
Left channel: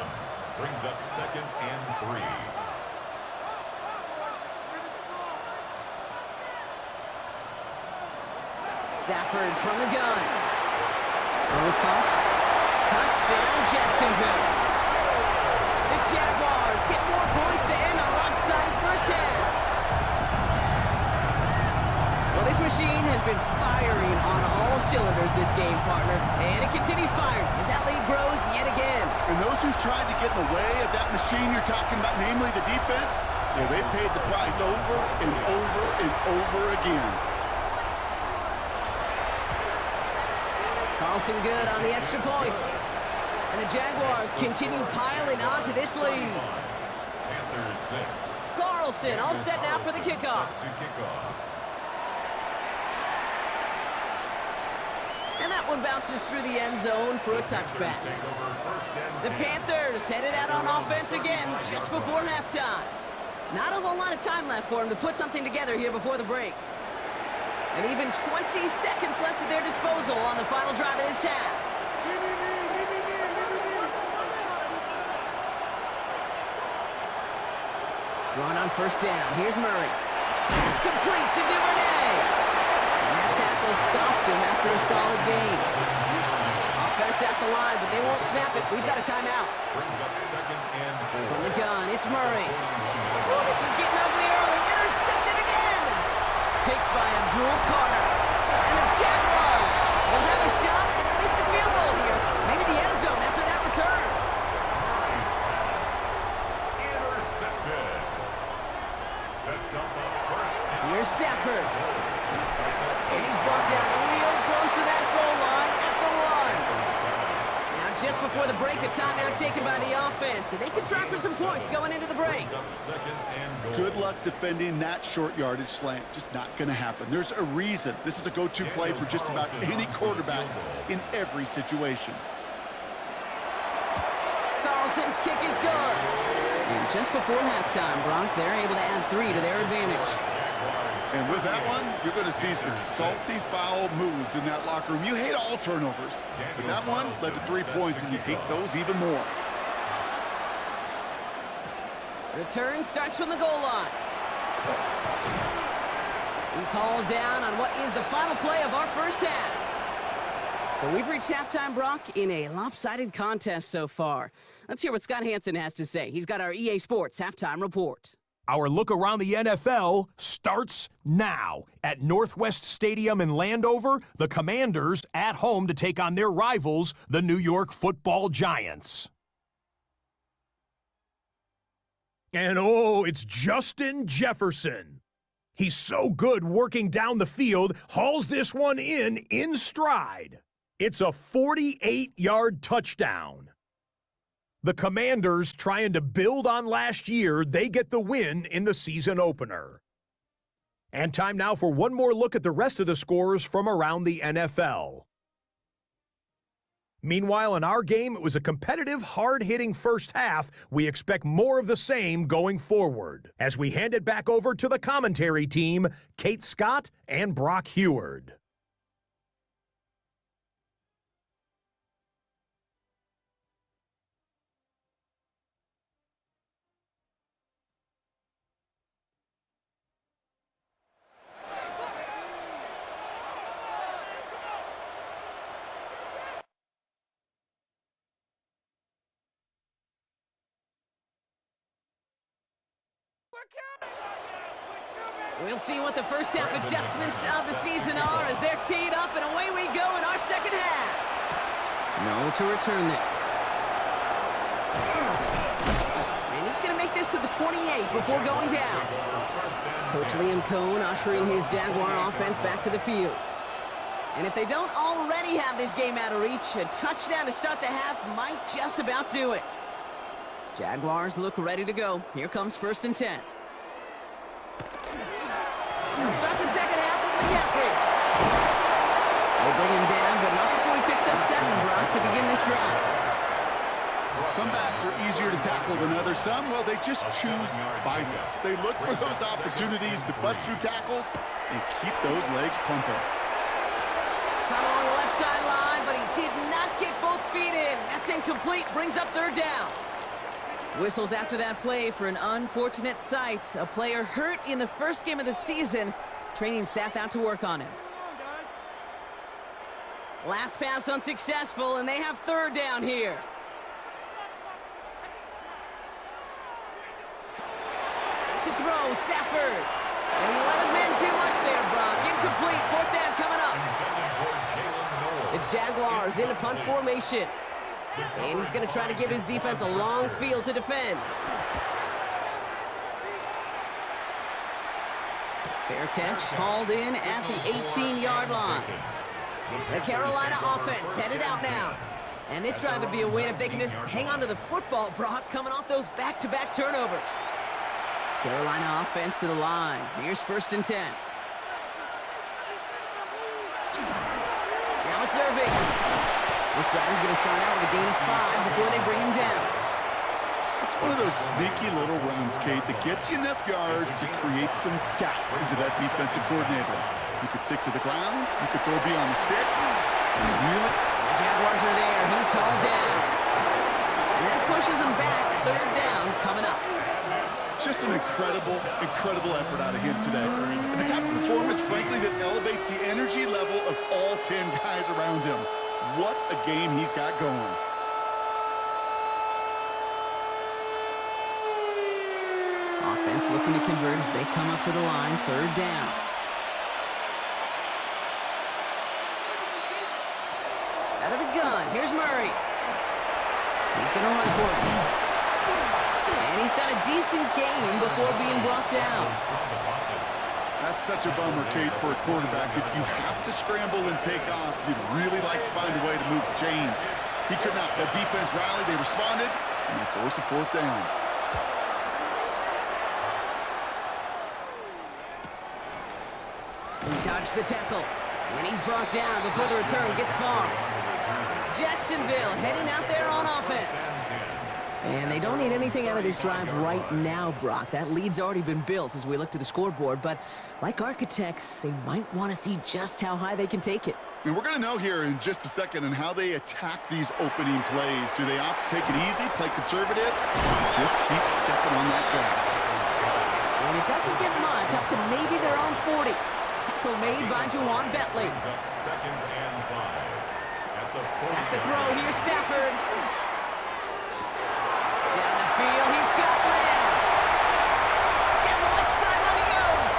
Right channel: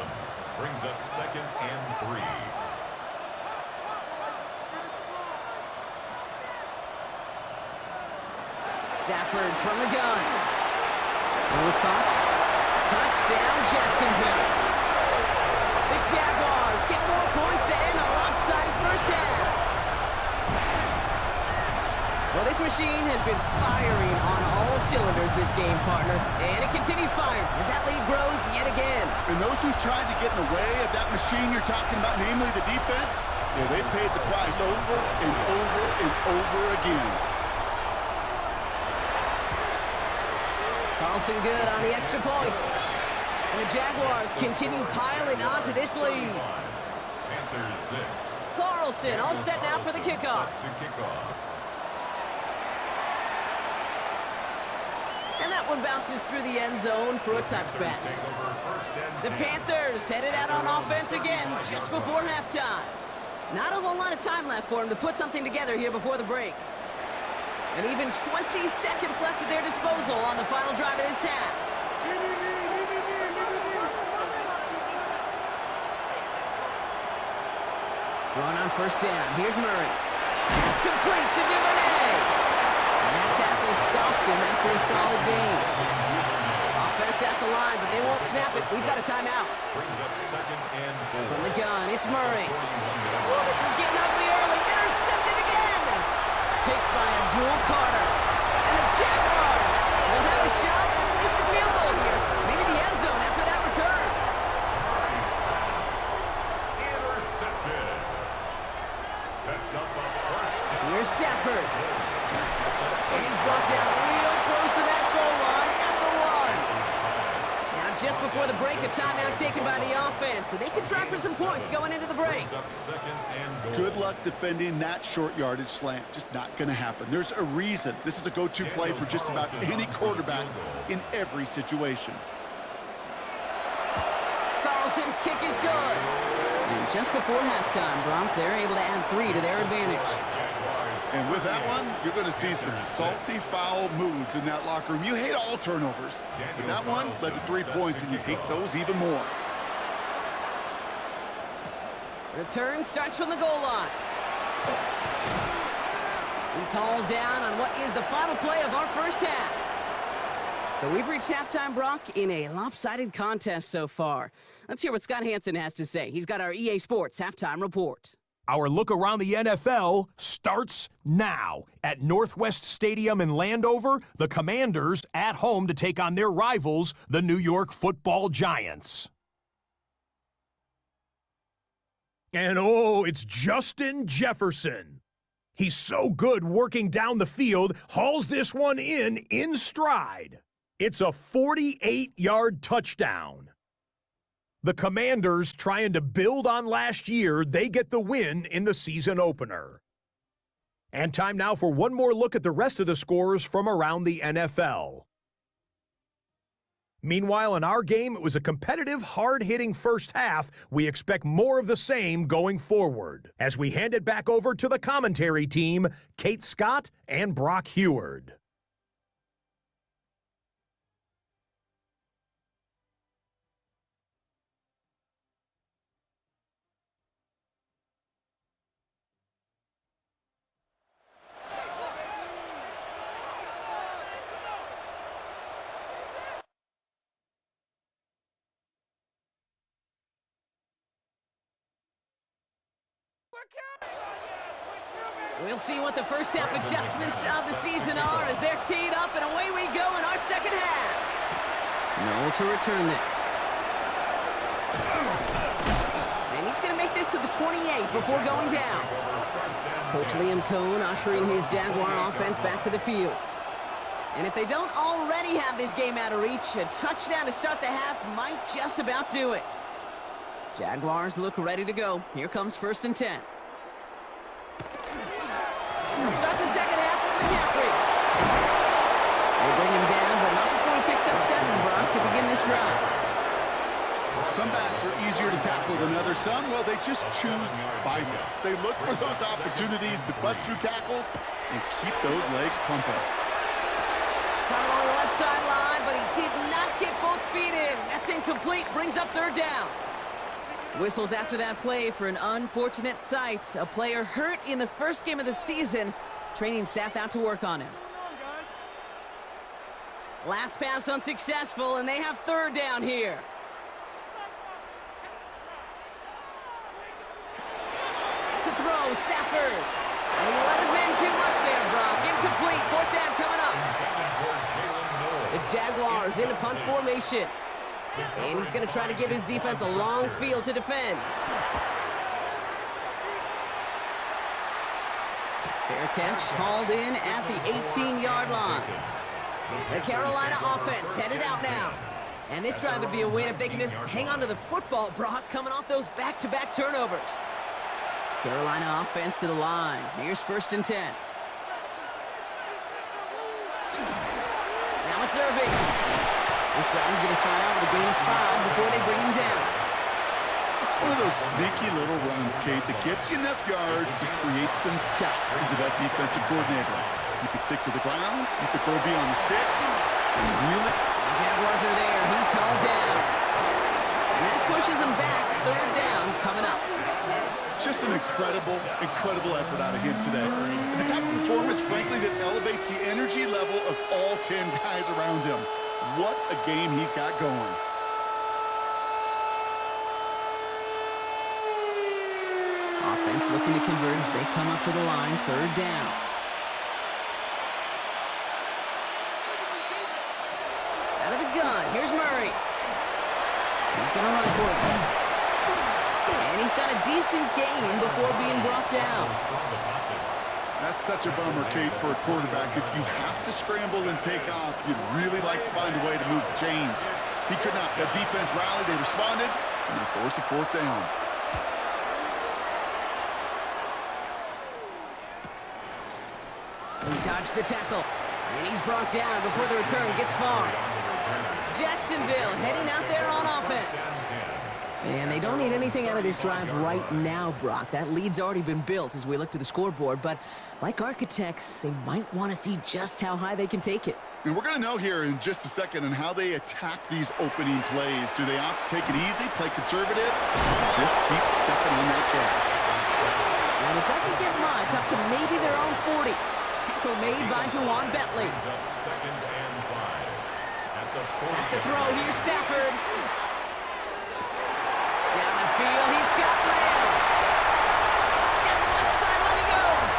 Brings up 2nd and 3. Stafford from the gun. One was caught. Touchdown, Jacksonville. The Jaguars get more points to end a lopsided first half. Well, this machine has been firing on all cylinders this game, partner. And it continues firing as that lead grows yet again. And those who've tried to get in the way of that machine you're talking about, namely the defense, yeah, they've paid the price over and over and over again. Carlson good on the extra point. And the Jaguars continue piling onto this lead. Panthers 6. Carlson all set now for the kickoff. And that one bounces through the end zone for a touchback. The Panthers headed out on offense again just before halftime. Not a whole lot of time left for them to put something together here before the break. And even 20 seconds left at their disposal on the final drive of this half. Going on first down. Here's Murray. It's complete to Duvernay. And that tackle stops him after a solid gain. Offense at the line, but they won't snap it. We've got a timeout. Brings up 2nd and 4. From the gun, it's Murray. Oh, this is getting ugly early. Intercepted again. Picked by Abdul Carter. And the Jaguars will have a shot at least a field goal here. Maybe the end zone after that return. Murray's pass. Intercepted. Sets up a first down. Here's Stafford. And he's brought down real close to that goal line at the 1. Now, just before the break, a timeout taken by the offense. And they can try for some points going into the break. Good luck defending that short yardage slant. Just not going to happen. There's a reason. This is a go-to play for just about any quarterback in every situation. Carlson's kick is good. And just before halftime, Bronk, they're able to add 3 to their advantage. And with that one, you're going to see some salty, foul moods in that locker room. You hate all turnovers, but that one led to 3 points, and you hate those even more. Return starts from the goal line. He's hauled down on what is the final play of our first half. So we've reached halftime, Brock, in a lopsided contest so far. Let's hear what Scott Hanson has to say. He's got our EA Sports halftime report. Our look around the NFL starts now. At Northwest Stadium in Landover, the Commanders at home to take on their rivals, the New York Football Giants. And oh, it's Justin Jefferson. He's so good working down the field, hauls this one in stride. It's a 48-yard touchdown. The Commanders, trying to build on last year, they get the win in the season opener. And time now for one more look at the rest of the scores from around the NFL. Meanwhile, in our game, it was a competitive, hard-hitting first half. We expect more of the same going forward. As we hand it back over to the commentary team, Kate Scott and Brock Heward. We'll see what the first half adjustments of the season are as they're teed up, and away we go in our second half. No to return this. And he's going to make this to the 28 before going down. Coach Liam Cohn ushering his Jaguar offense back to the field. And if they don't already have this game out of reach, a touchdown to start the half might just about do it. Jaguars look ready to go. Here comes 1st and 10. They'll start the second half with McCaffrey. They bring him down, but not before he picks up 7, Brock, to begin this drive. Some backs are easier to tackle than others. Some, well, they just choose violence. They look for those opportunities to bust through tackles and keep those legs pumping. Caught along the left sideline, but he did not get both feet in. That's incomplete, brings up 3rd down. Whistles after that play for an unfortunate sight. A player hurt in the first game of the season. Training staff out to work on him. Last pass unsuccessful, and they have 3rd down here. To throw, Stafford. And he let his man too much there, Brock. Incomplete, 4th down coming up. The Jaguars in a punt formation. And he's going to try to give his defense a long field to defend. Fair catch, hauled in at the 18-yard line. The Carolina offense headed out now. And this drive would be a win if they can just hang on to the football, Brock, coming off those back-to-back turnovers. Carolina offense to the line. Here's 1st and 10. Now it's Irving. This drive is going to start out with a gain of 5 before they bring him down. It's one of those sneaky little runs, Kate, that gets you enough yards to create some doubt into that defensive coordinator. You could stick to the ground. You could throw beyond the sticks. Really? The Jaguars are there. He's hauled down. And that pushes him back. 3rd down coming up. Just an incredible, incredible effort out of him today. And the type of performance, frankly, that elevates the energy level of all 10 guys around him. What a game he's got going. Offense looking to convert as they come up to the line. 3rd down. Out of the gun. Here's Murray. He's going to run for it. And he's got a decent gain before being brought down. That's such a bummer, Kate, for a quarterback. If you have to scramble and take off, you'd really like to find a way to move the chains. He could not. That defense rallied, they responded, and they forced a 4th down. He dodged the tackle, and he's brought down before the return gets far. Jacksonville heading out there on offense. And they don't need anything out of this drive right now, Brock. That lead's already been built as we look to the scoreboard. But like architects, they might want to see just how high they can take it. And we're going to know here in just a second on how they attack these opening plays. Do they opt to take it easy, play conservative, or just keep stepping on that gas? And it doesn't get much, up to maybe their own 40. Tackle made by Jauan Bentley. Second and 5. That's a throw here, Stafford. Down the field, he's got Lamb. Down the left sideline he goes.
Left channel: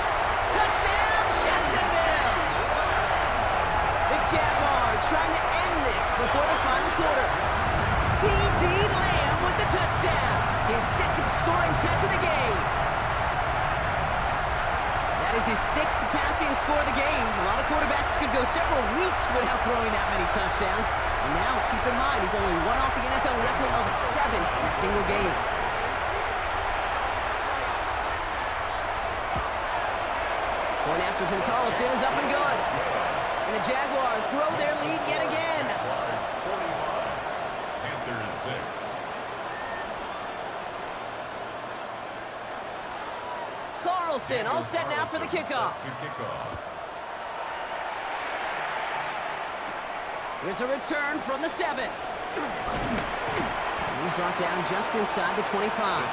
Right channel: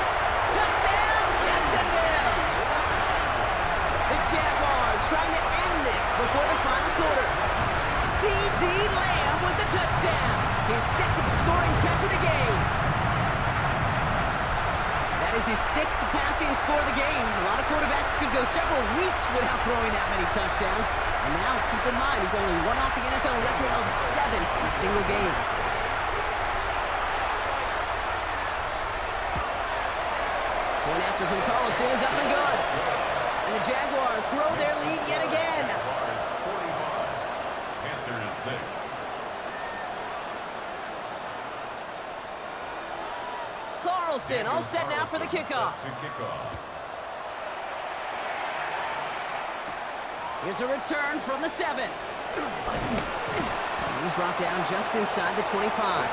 Touchdown, Jacksonville. The Jaguars trying to end this before the final quarter. C.D. Lamb with the touchdown. His second scoring catch of the game. That is his 6th passing score of the game. A lot of quarterbacks could go several weeks without throwing that many touchdowns. And now, keep in mind, he's only one off the NFL record of 7 in a single game. Point after from Carlson is up and good. And the Jaguars grow their lead yet again. Jaguars 45, Panthers 6. Carlson all set now for the kickoff. Here's a return from the 7. And he's brought down just inside the 25.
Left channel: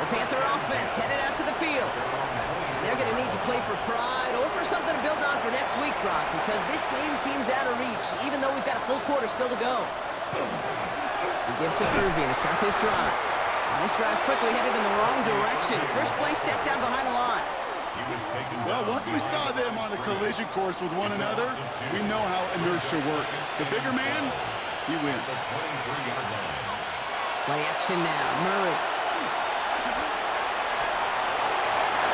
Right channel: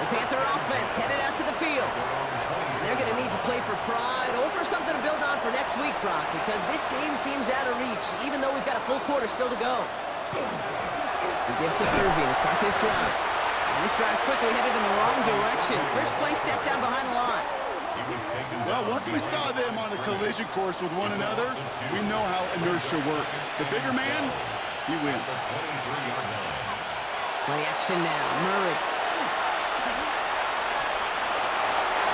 The Panther offense headed out to the field. And they're going to need to play for pride or for something to build on for next week, Brock, because this game seems out of reach, even though we've got a full quarter still to go. We give to Irving to start this drive. And this drive's quickly headed in the wrong direction. First play set down behind the line. Well, once we saw them on a collision course with one another, we know how inertia works. The bigger man, he wins. Play action now. Murray.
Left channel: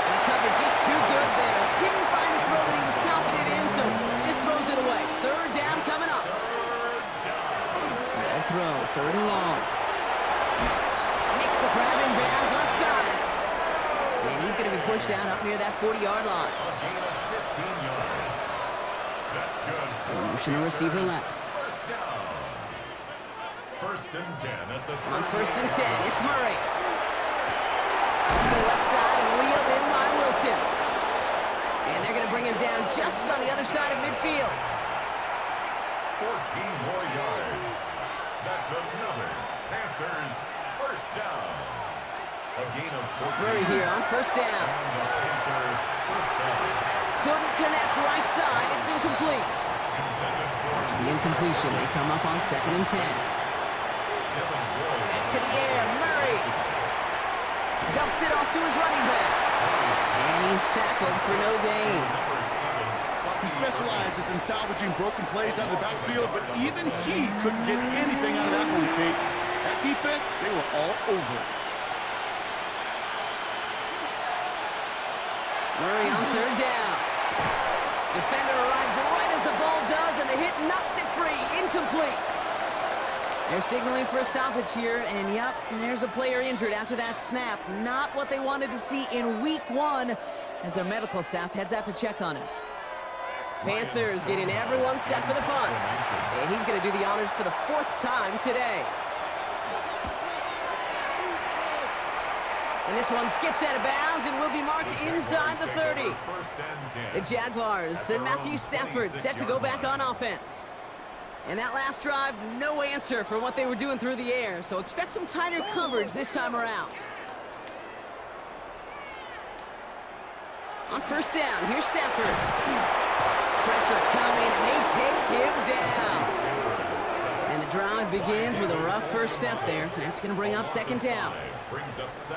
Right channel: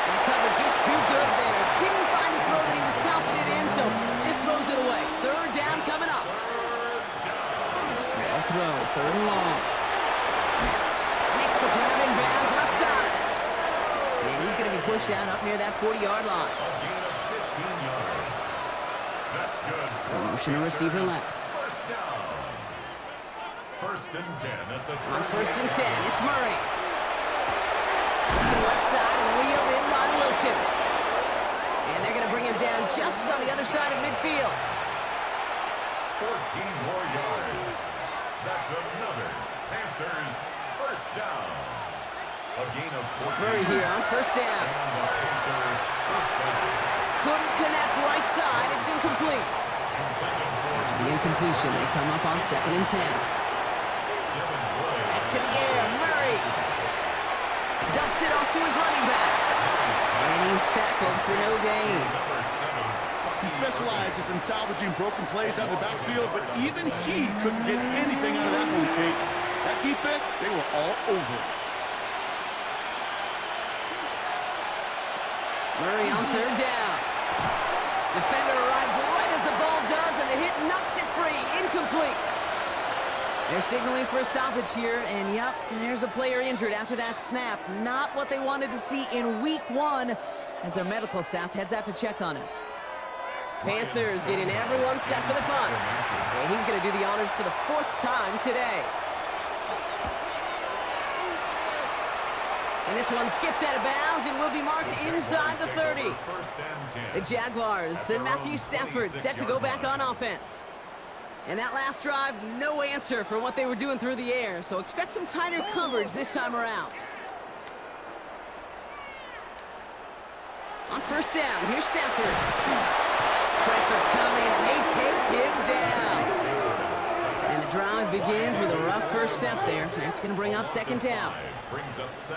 And the coverage is too good there. Didn't find a throw that he was confident in, so just throws it away. Third down coming up. They'll throw. Third and long. Makes the grab in bounds left side. And he's going to be pushed down up near that 40-yard line. A gain of 15 yards. That's good. Motion to receiver left. First down. First and 10 at the On first and 10, it's Murray. To the left side and wheeled in by Wilson. And they're going to bring him down just on the other side of midfield. 14 more yards. That's another Panthers first down. A gain of 14. Murray here on first down. And the Panther first down. Couldn't connect right side. It's incomplete. Intended for After the incompletion, they come up on second and 10. Back to the air. Murray dumps it off to his running back. And he's tackled for no gain. He specializes in salvaging broken plays out of the backfield, but even he couldn't get anything out of that one, Kate. That defense, they were all over it. Murray on third down. Defender arrives right as the ball does, and the hit knocks it free. Incomplete. They're signaling for a stoppage here, and yep, there's a player injured after that snap. Not what they wanted to see in week 1 as their medical staff heads out to check on him. Panthers getting everyone set for the punt. And he's going to do the honors for the 4th time today. And this one skips out of bounds and will be marked inside the 30. The Jaguars, then Matthew Stafford set to go back on offense. And that last drive, no answer for what they were doing through the air, so expect some tighter coverage this time around. On first down, here's Stafford. Pressure coming, and they take him down. And the drive begins with a rough first step there. That's going to bring up second down.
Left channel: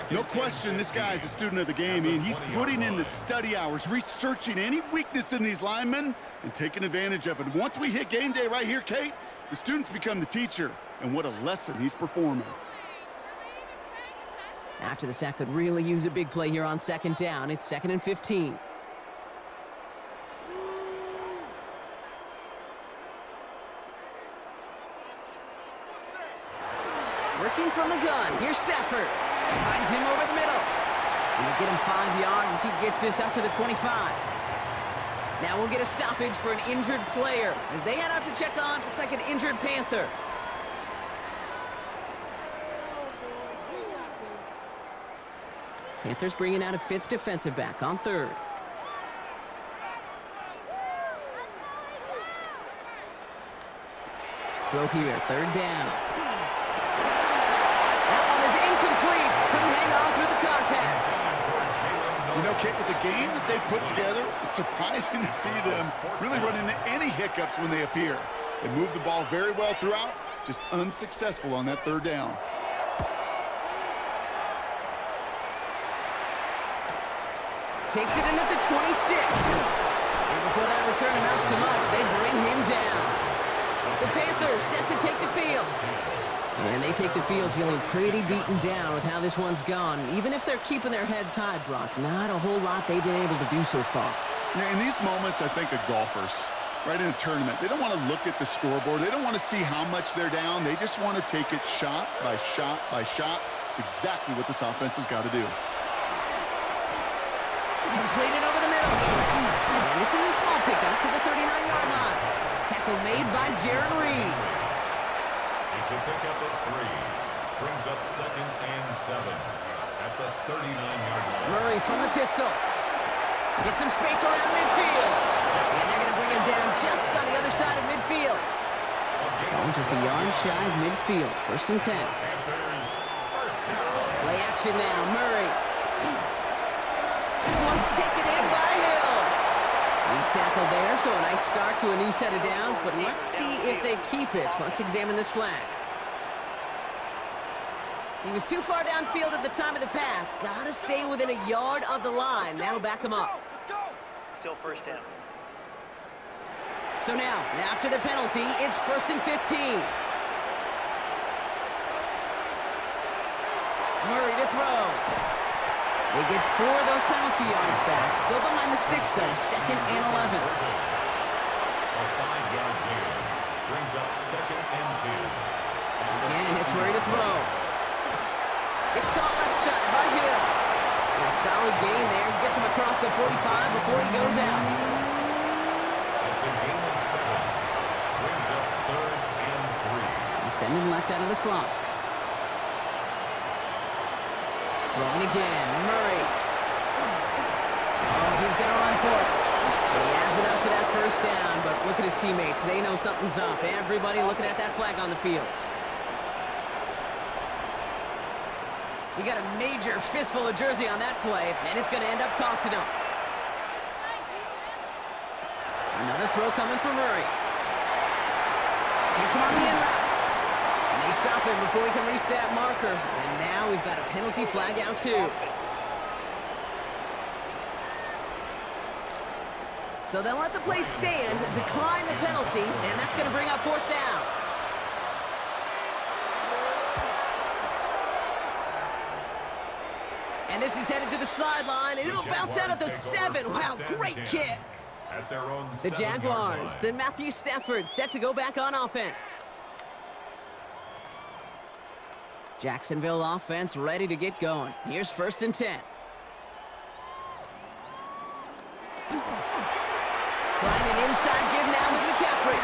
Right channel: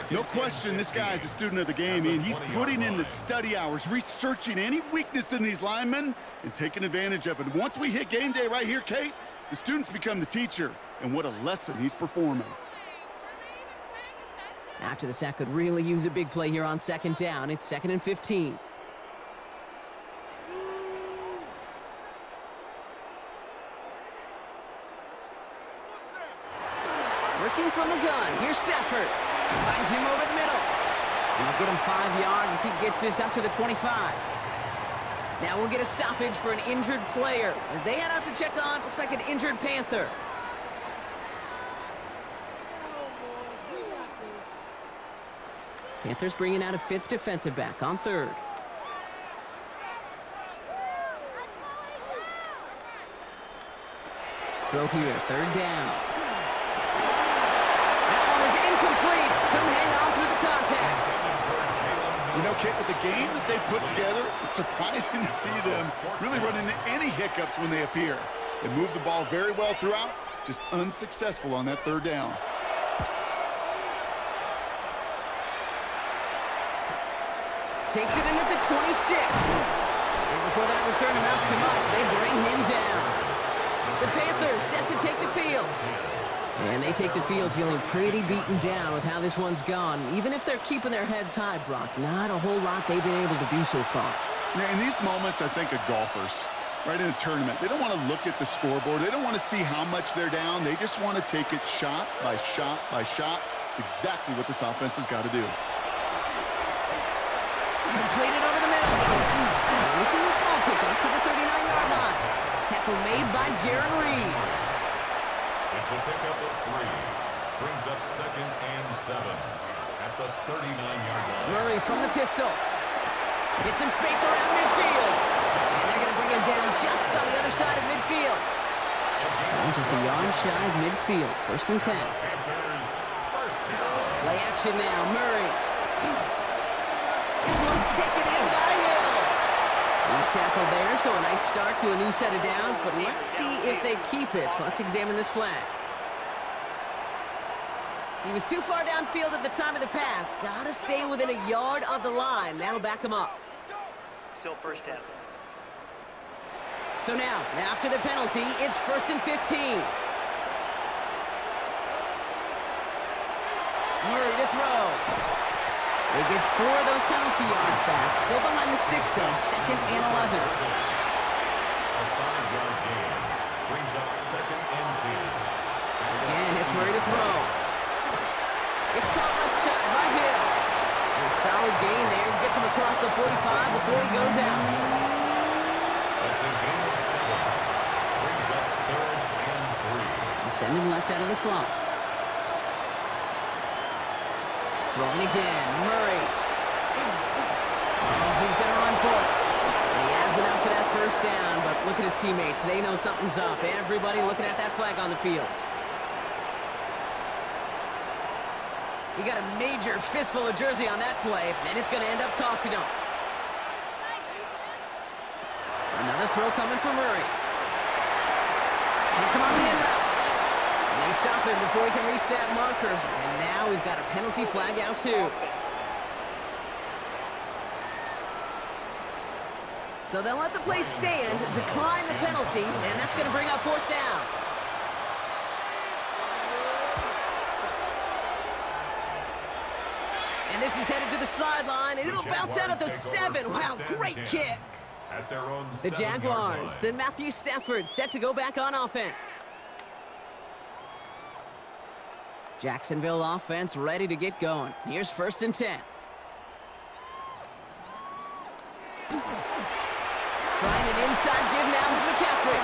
No question, this guy is a student of the game, and he's putting in the study hours, researching any weakness in these linemen and taking advantage of it. Once we hit game day right here, Kate, the students become the teacher, and what a lesson he's performing. After the sack could really use a big play here on second down. It's 2nd and 15. Working from the gun. Here's Stafford. Finds him over the middle. And he'll get him 5 yards as he gets this up to the 25. Now we'll get a stoppage for an injured player as they head out to check on, looks like an injured Panther. Panthers bringing out a 5th defensive back on 3rd. Throw here, 3rd down. That one is incomplete. Couldn't hang on through the contact. You know, Kate, with the game that they've put together, it's surprising to see them really run into any hiccups when they appear. They move the ball very well throughout, just unsuccessful on that 3rd down. Takes it in at the 26. And before that return amounts to much, they bring him down. The Panthers set to take the field. And they take the field feeling pretty beaten down with how this one's gone. Even if they're keeping their heads high, Brock, not a whole lot they've been able to do so far. Yeah, in these moments, I think of golfers, right, in a tournament. They don't want to look at the scoreboard. They don't want to see how much they're down. They just want to take it shot by shot by shot. It's exactly what this offense has got to do. Completed over the middle. And this is a small pickup to the 39-yard line. Tackle made by Jaron Reed. It's a pickup of 3. Brings up 2nd and 7 at the 39-yard line. Murray from the pistol. Gets some space around midfield. And they're going to bring him down just on the other side of midfield. Just a yard shy of midfield. 1st and 10. Panthers, 1st down. Play action now. Murray. This one's taken in by Hill. He's tackled there, so a nice start to a new set of downs, but let's see if they keep it. So let's examine this flag. He was too far downfield at the time of the pass. Got to stay within a yard of the line. That'll back him up. Still 1st down. So now, after the penalty, it's 1st and 15. Murray to throw. They get 4 of those penalty yards back. Still behind the sticks, though. 2nd and 11. A 5-yard gain. Brings up 2nd and 10. Again, it's Murray to throw. It's caught left side by Hill. And a solid gain there. Gets him across the 45 before he goes out. That's a gain of 7. Brings up 3rd and 3. You send him left out of the slot. Throwing again, Murray. Oh, he's going to run for it. And he has enough for that 1st down, but look at his teammates. They know something's up. Everybody looking at that flag on the field. He got a major fistful of jersey on that play, and it's going to end up costing him. Another throw coming from Murray. Hits him on the in route. And they stop him before he can reach that marker. And now we've got a penalty flag out too. So they'll let the play stand, decline the penalty, and that's going to bring up 4th down. And this is headed to the sideline, and it'll bounce out at the 7. Wow, great kick. At their own The Jaguars and Matthew Stafford set to go back on offense. Jacksonville offense ready to get going. Here's 1st and 10. Trying an inside give now with McCaffrey.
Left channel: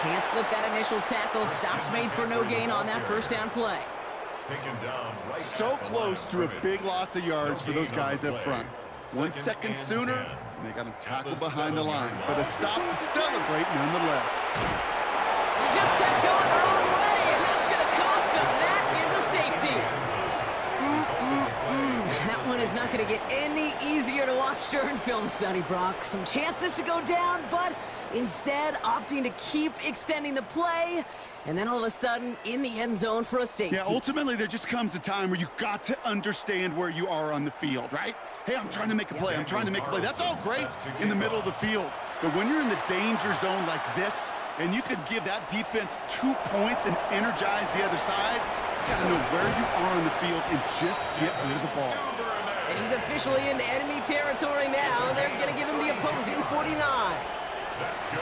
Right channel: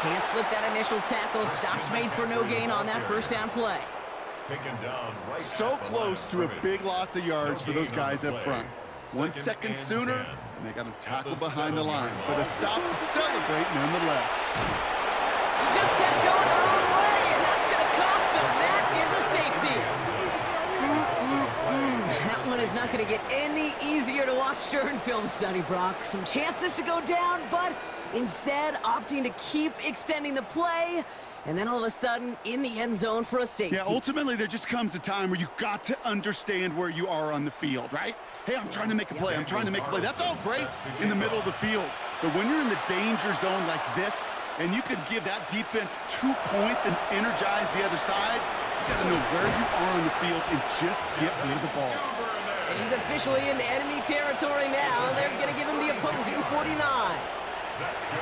Can't slip that initial tackle. Stops made for no gain on that 1st down play. Taken down right so close to a big loss of yards for those guys up front. 1 second sooner, and they got him tackled behind the line. But a stop to celebrate nonetheless. He just kept going the wrong way, and that's going to cost him. That is a safety. That one is not going to get any easier to watch during film study, Brock. Some chances to go down, but instead opting to keep extending the play. And then all of a sudden, in the end zone for a safety. Yeah, ultimately, there just comes a time where you've got to understand where you are on the field, right? Hey, I'm trying to make a play. I'm trying to make a play. That's all great in the middle of the field. But when you're in the danger zone like this, and you can give that defense 2 points and energize the other side, you got to know where you are on the field and just get rid of the ball. And he's officially in enemy territory now. They're going to give him the opposing 49.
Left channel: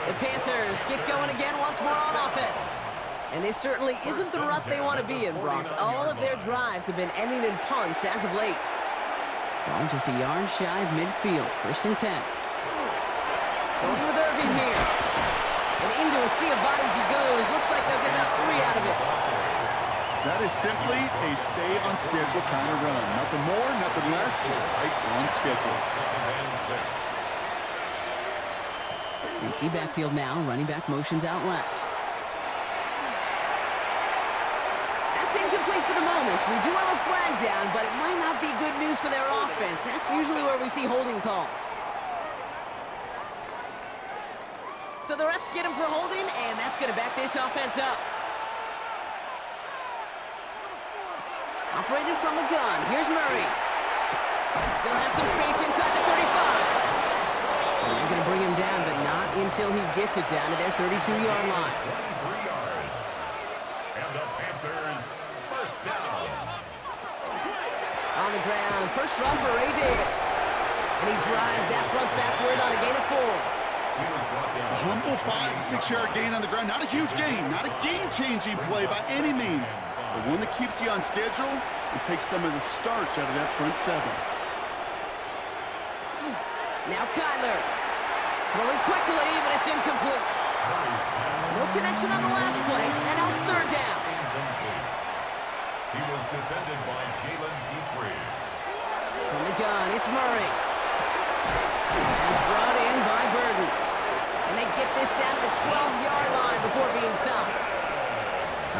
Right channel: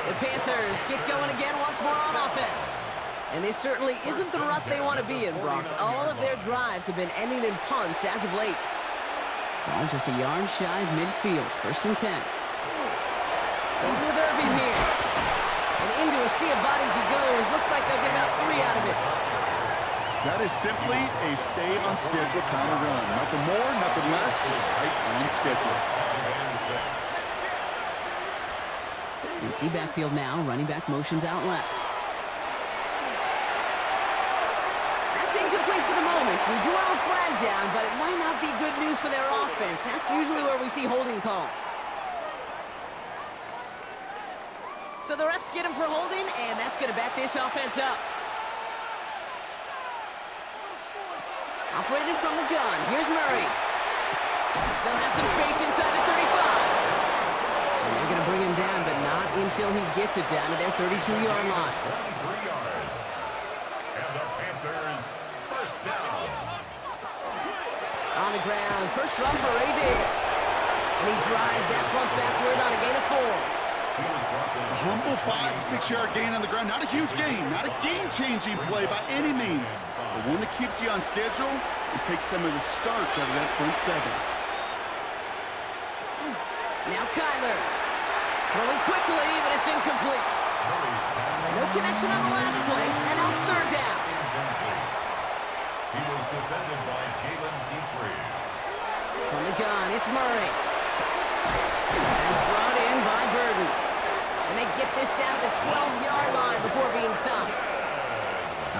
The Panthers get going again once more on offense. And this certainly isn't the rut they want to be in, Brock. All of their drives have been ending in punts as of late. Ball just a yard shy of midfield. 1st and 10. Going with Irving here. And into a sea of bodies he goes. Looks like they'll get about 3 out of it. That is simply a stay-on-schedule kind of run. Nothing more, nothing less, just right on schedule. Empty backfield now. Running back motions out left. That's incomplete for the moment. We do have a flag down, but it might not be good news for their offense. That's usually where we see holding calls. So the refs get him for holding, and that's going to back this offense up. Operated from the gun. Here's Murray. Still has some space inside the 35. And they're going to bring him down, but not until he gets it down to their 32-yard line. 23 yards. And the Panthers first down. On the ground, first run for Ray Davis. And he drives that front backward on a gain of 4. A humble 5 to 6 yard gain on the ground. Not a huge gain, not a game-changing play by any means, but one that keeps you on schedule and takes some of the starch out of that front 7. Now Kyler. Throwing quickly, but it's incomplete. No connection on the last play, and now it's third down. He was defended by Jaden Daniels. From the gun, it's Murray. As brought in by Burden. And they get this down to the 12-yard line before being stopped.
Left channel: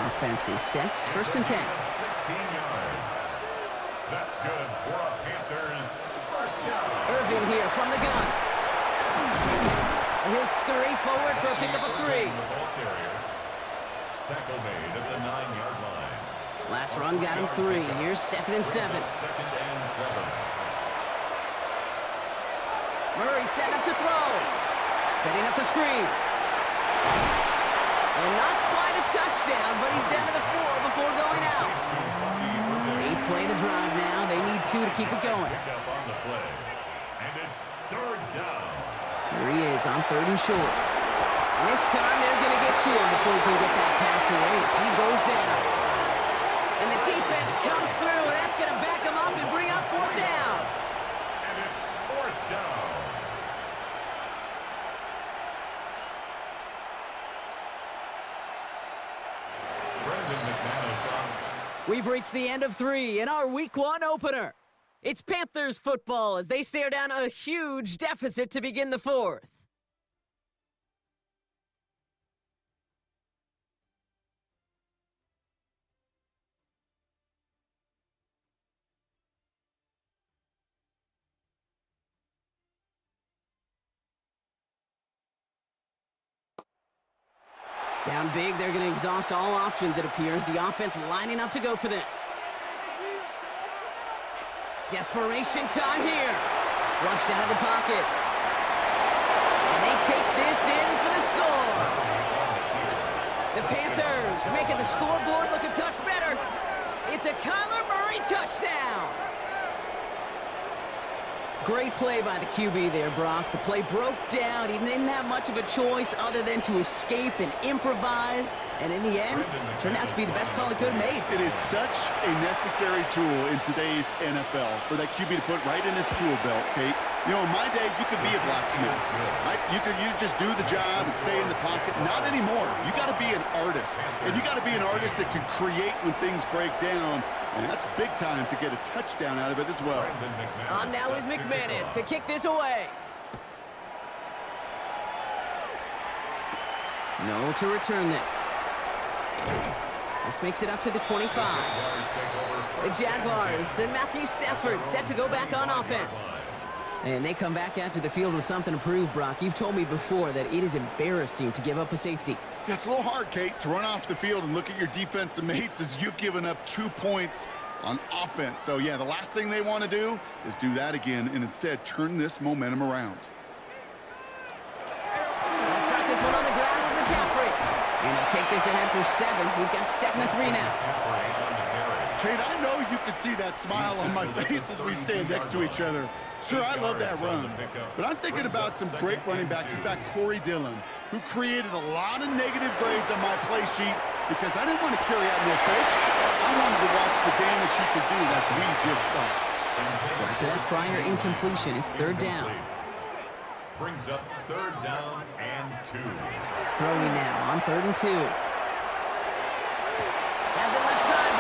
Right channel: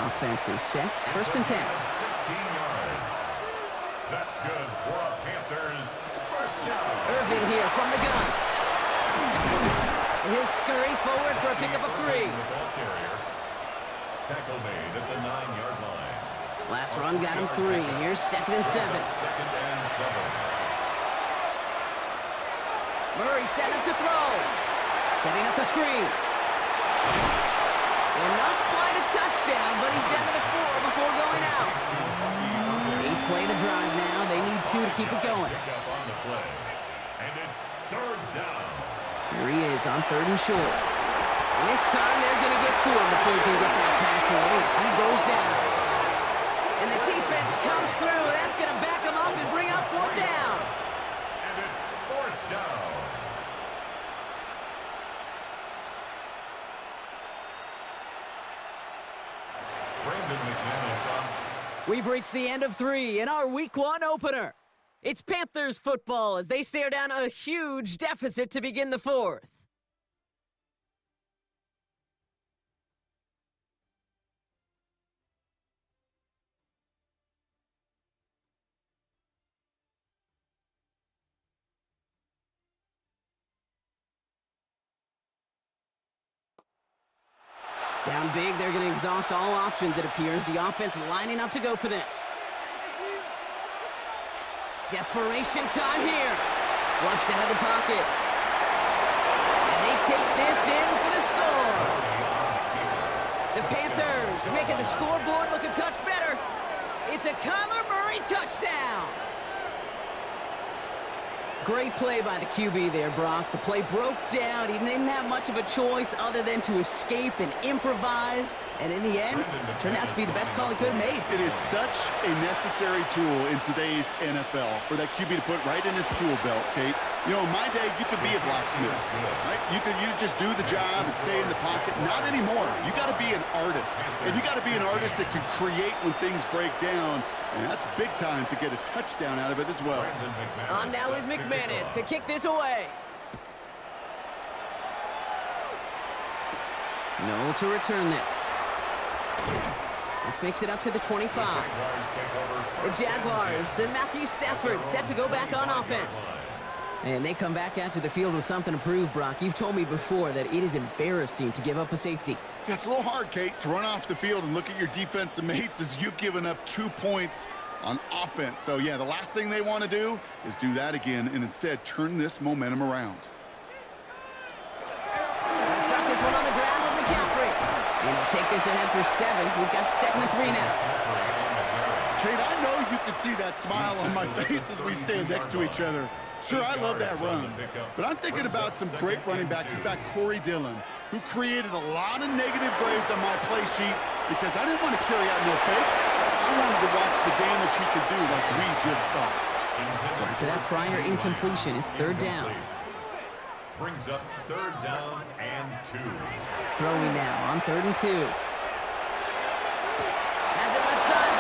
Offense is set. First and 10. 16 yards. That's good for a Panthers first down. Irvin here from the gun. And he'll scurry forward for a pickup of 3. The ball carrier. Tackle made at the 9-yard line. Last run got him 3. Here's second and 7. Second and 7. Murray set up to throw. Setting up the screen. And not quite a touchdown, but he's down to the 4 before going out. 8th play of the drive now. They need 2 to keep it going. Pick up on the play. And it's third down. Here he is on 3rd and short. And this time they're going to get to him before he can get that pass away as he goes down. And the defense comes through. That's going to back him up and bring up 4th down. And it's 4th down. Brandon McManus on. We've reached the end of 3 in our Week 1 opener. It's Panthers football as they stare down a huge deficit to begin the 4th. Down big, they're going to exhaust all options, it appears. The offense lining up to go for this. Desperation time here. Flushed out of the pocket. And they take this in for the score. The Panthers making the scoreboard look a touch better. It's a Kyler Murray touchdown. Great play by the QB there, Brock. The play broke down. He didn't have much of a choice other than to escape and improvise. And in the end, turned out to be the best call he could have made. It is such a necessary tool in today's NFL for that QB to put right in his tool belt, Kate. You know, in my day, you could be a blacksmith, right? You just do the job and stay in the pocket. Not anymore. You got to be an artist. And you got to be an artist that can create when things break down. And that's big time to get a touchdown out of it as well. On now is McManus to kick this away. No to return this. This makes it up to the 25. The Jaguars, then Matthew Stafford set to go back on offense. And they come back out to the field with something to prove, Brock. You've told me before that it is embarrassing to give up a safety. Yeah, it's a little hard, Kate, to run off the field and look at your defensive mates as you've given up 2 points on offense. So, yeah, the last thing they want to do is do that again and instead turn this momentum around. They'll start this one on the ground with McCaffrey. And he'll take this ahead for 7. We've got 2nd and 3 now. Kate, I know you can see that smile on my face as we stand next to each other. Sure, I love that run, but I'm thinking about some great running backs. In fact, Corey Dillon, who created a lot of negative grades on my play sheet because I didn't want to carry out no fake. I wanted to watch the damage he could do like we just saw. So after that prior incompletion, it's 3rd down. Brings up 3rd down and 2. Throwing now on 3rd and 2. Has it left side,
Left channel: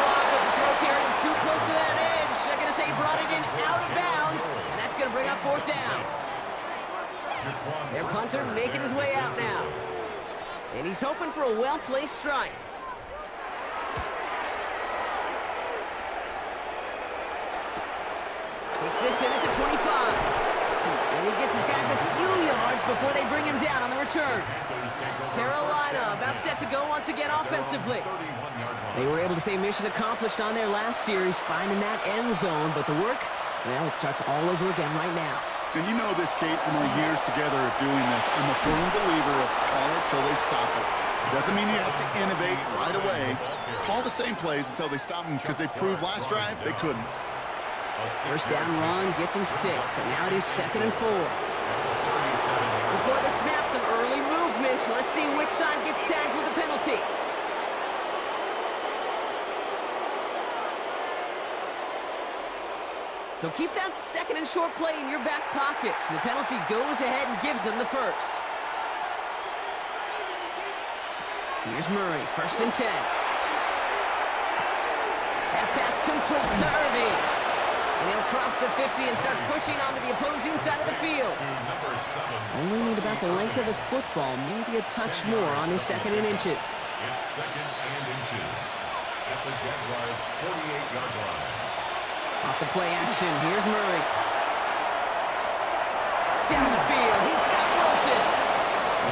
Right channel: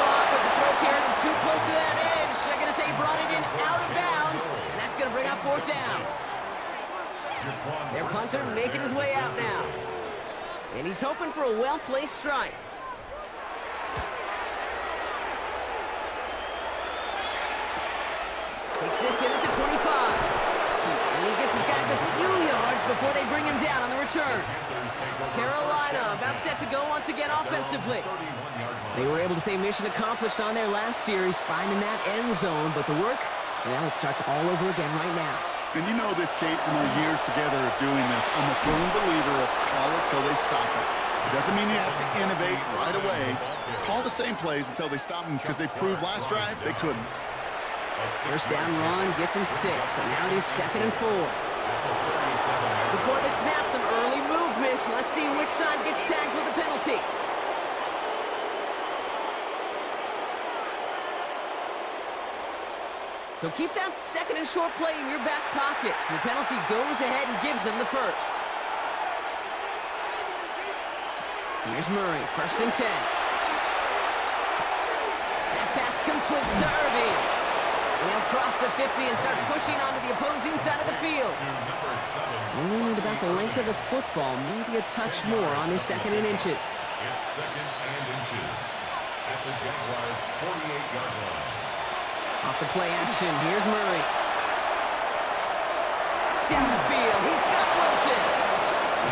close to that edge. I'm going to say he brought it in out of bounds, and that's going to bring up fourth down. Their punter making his way out now. And he's hoping for a well-placed strike. Takes this in at the 25. And he gets his guys a few yards before they bring him down on the return. Carolina about set to go once again offensively. They were able to say mission accomplished on their last series, finding that end zone. But the work, well, it starts all over again right now. And you know this, Kate, from our years together of doing this. I'm a firm believer of call it till they stop it. It doesn't mean you have to innovate right away. Call the same plays until they stop them, because they proved last drive they couldn't. First down run gets him 6, so now it is 2nd and 4. Before the snap, some early movement. Let's see which side gets tagged with the penalty. So keep that 2nd and short play in your back pocket. So the penalty goes ahead and gives them the first. Here's Murray, 1st and 10. That pass complete to Irving. And he'll cross the 50 and start pushing onto the opposing side of the field. Only need about the length of the football, maybe a touch more on his 2nd and inches. It's 2nd and inches at the Jaguars' 48-yard line. Off the play action, here's Murray. Down the field, he's got Wilson.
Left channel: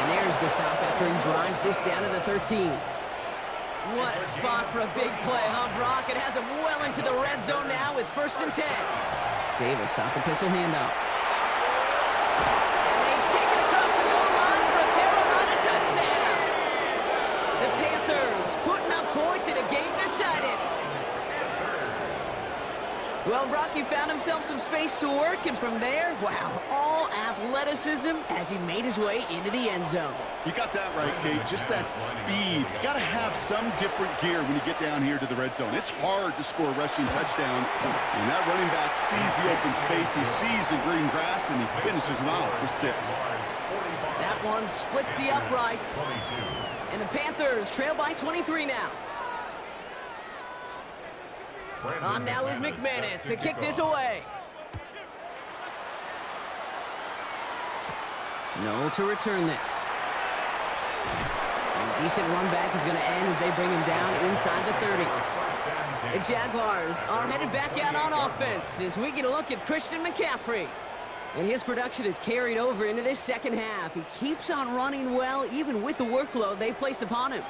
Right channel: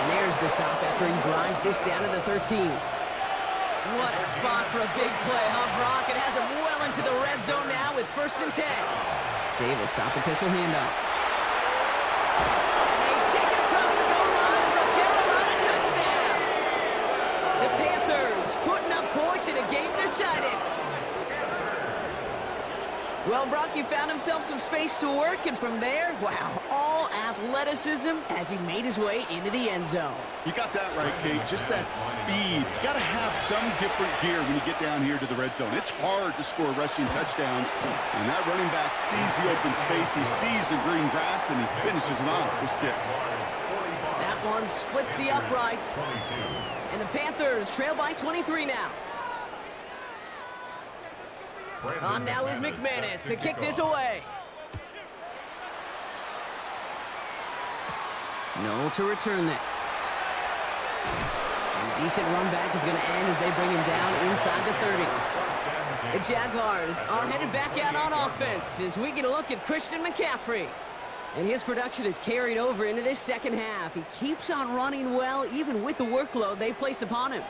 And there's the stop after he drives this down to the 13. What a spot for a big play, huh, Brock? It has him well into the red zone now with 1st and 10. Davis off the pistol handoff. And they take it across the goal line for a Carolina touchdown. The Panthers putting up points in a game decided. Well, Brock, he found himself some space to work, and from there, wow, all athleticism as he made his way into the end zone. You got that right, Kate. Just that speed. You got to have some different gear when you get down here to the red zone. It's hard to score rushing touchdowns, and that running back sees the open space, he sees the green grass, and he finishes it off with 6. That one splits the uprights, and the Panthers trail by 23 now. On now is McManus to kick this away. Noel to return this. And a decent run back is going to end as they bring him down inside the 30. The Jaguars are headed back out on offense as we get a look at Christian McCaffrey. And his production is carried over into this 2nd half. He keeps on running well, even with the workload they placed upon him.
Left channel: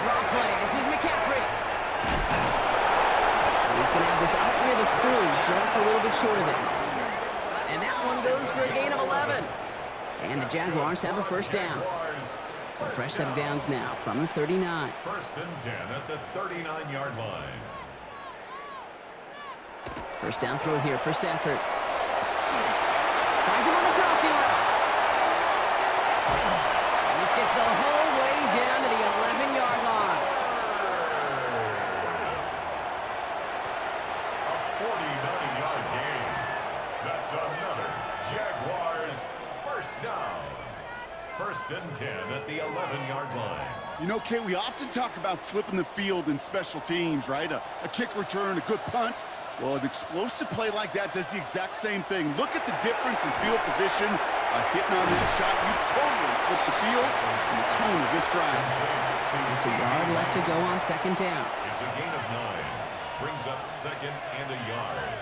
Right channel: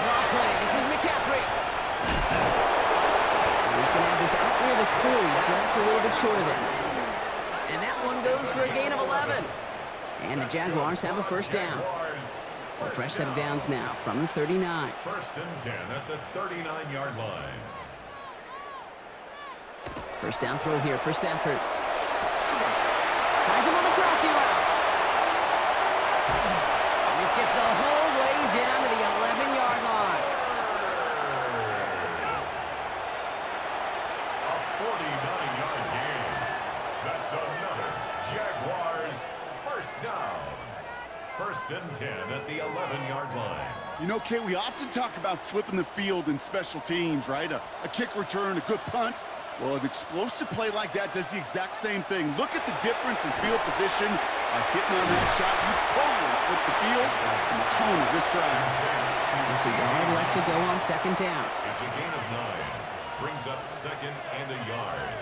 Draw play. This is McCaffrey. And he's going to have this up near the 40, just a little bit short of it. And that one goes for a gain of 11. And the Jaguars have a 1st down. So a fresh set of downs now from the 39. 1st and 10 at the 39-yard line. First down throw here for Stafford. Finds him on the crossing route. And this gets the whole way down to the 11-yard line. A 49-yard gain. That's another Jaguars 1st down. 1st and 10 at the 11-yard line. You know, Kate, we often talk about flipping the field in special teams, right? A kick return, a good punt. Well, an explosive play like that does the exact same thing. Look at the difference in field position. By hitting on that shot, you've totally flipped the field and the tone of this drive. Just a yard left to go on 2nd down. It's a gain of 9. Brings up 2nd and a yard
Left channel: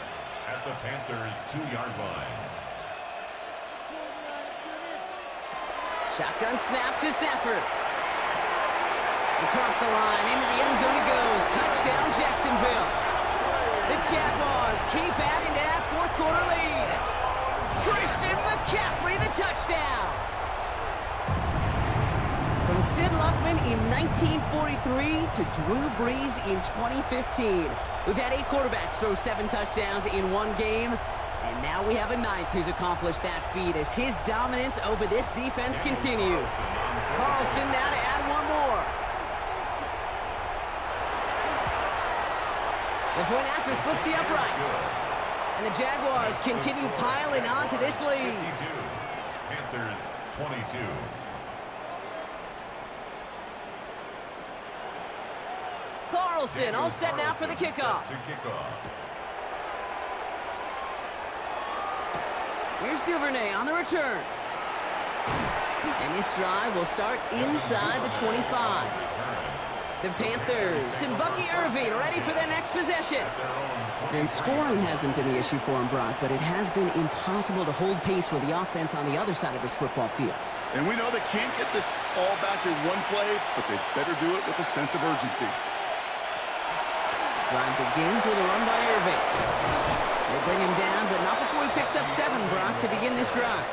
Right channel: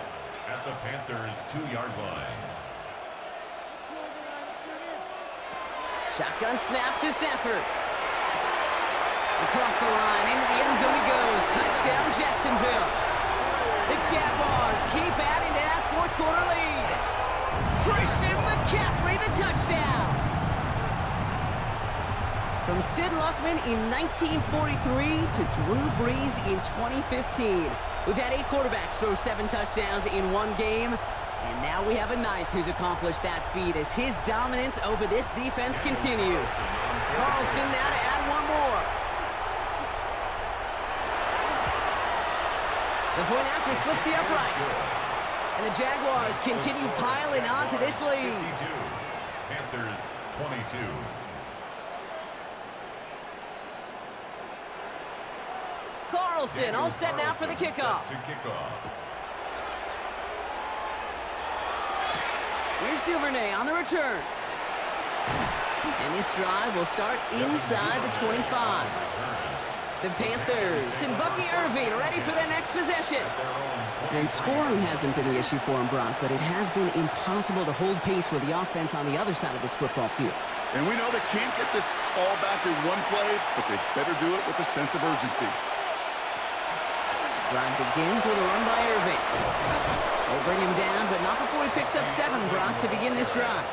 at the Panthers' 2-yard line. Shotgun snap to Stafford. Across the line, into the end zone he goes. Touchdown, Jacksonville. The Jaguars keep adding to that 4th quarter lead. Christian McCaffrey, the touchdown. From Sid Luckman in 1943 to Drew Brees in 2015. We've had 8 quarterbacks throw 7 touchdowns in one game. And now we have a 9th who's accomplished that feat as his dominance over this defense continues. Carlson now to add one more. The point after splits the uprights. And the Jaguars continue piling on to this lead. 52. Panthers 22. Carlson all set now for the kickoff. Here's Duvernay on the return. And this drive will start inside the 25. The Panthers and Bucky Irving ready for their next possession. And scoring hasn't been the issue for him, Brock, but it has been impossible to hold pace with the offense on the other side of this football field. And we know they can't get this all back in one play, but they better do it with a sense of urgency. Drive begins with a run by Irving. They bring him down, but not before he picks up 7, Brock, to begin this drive.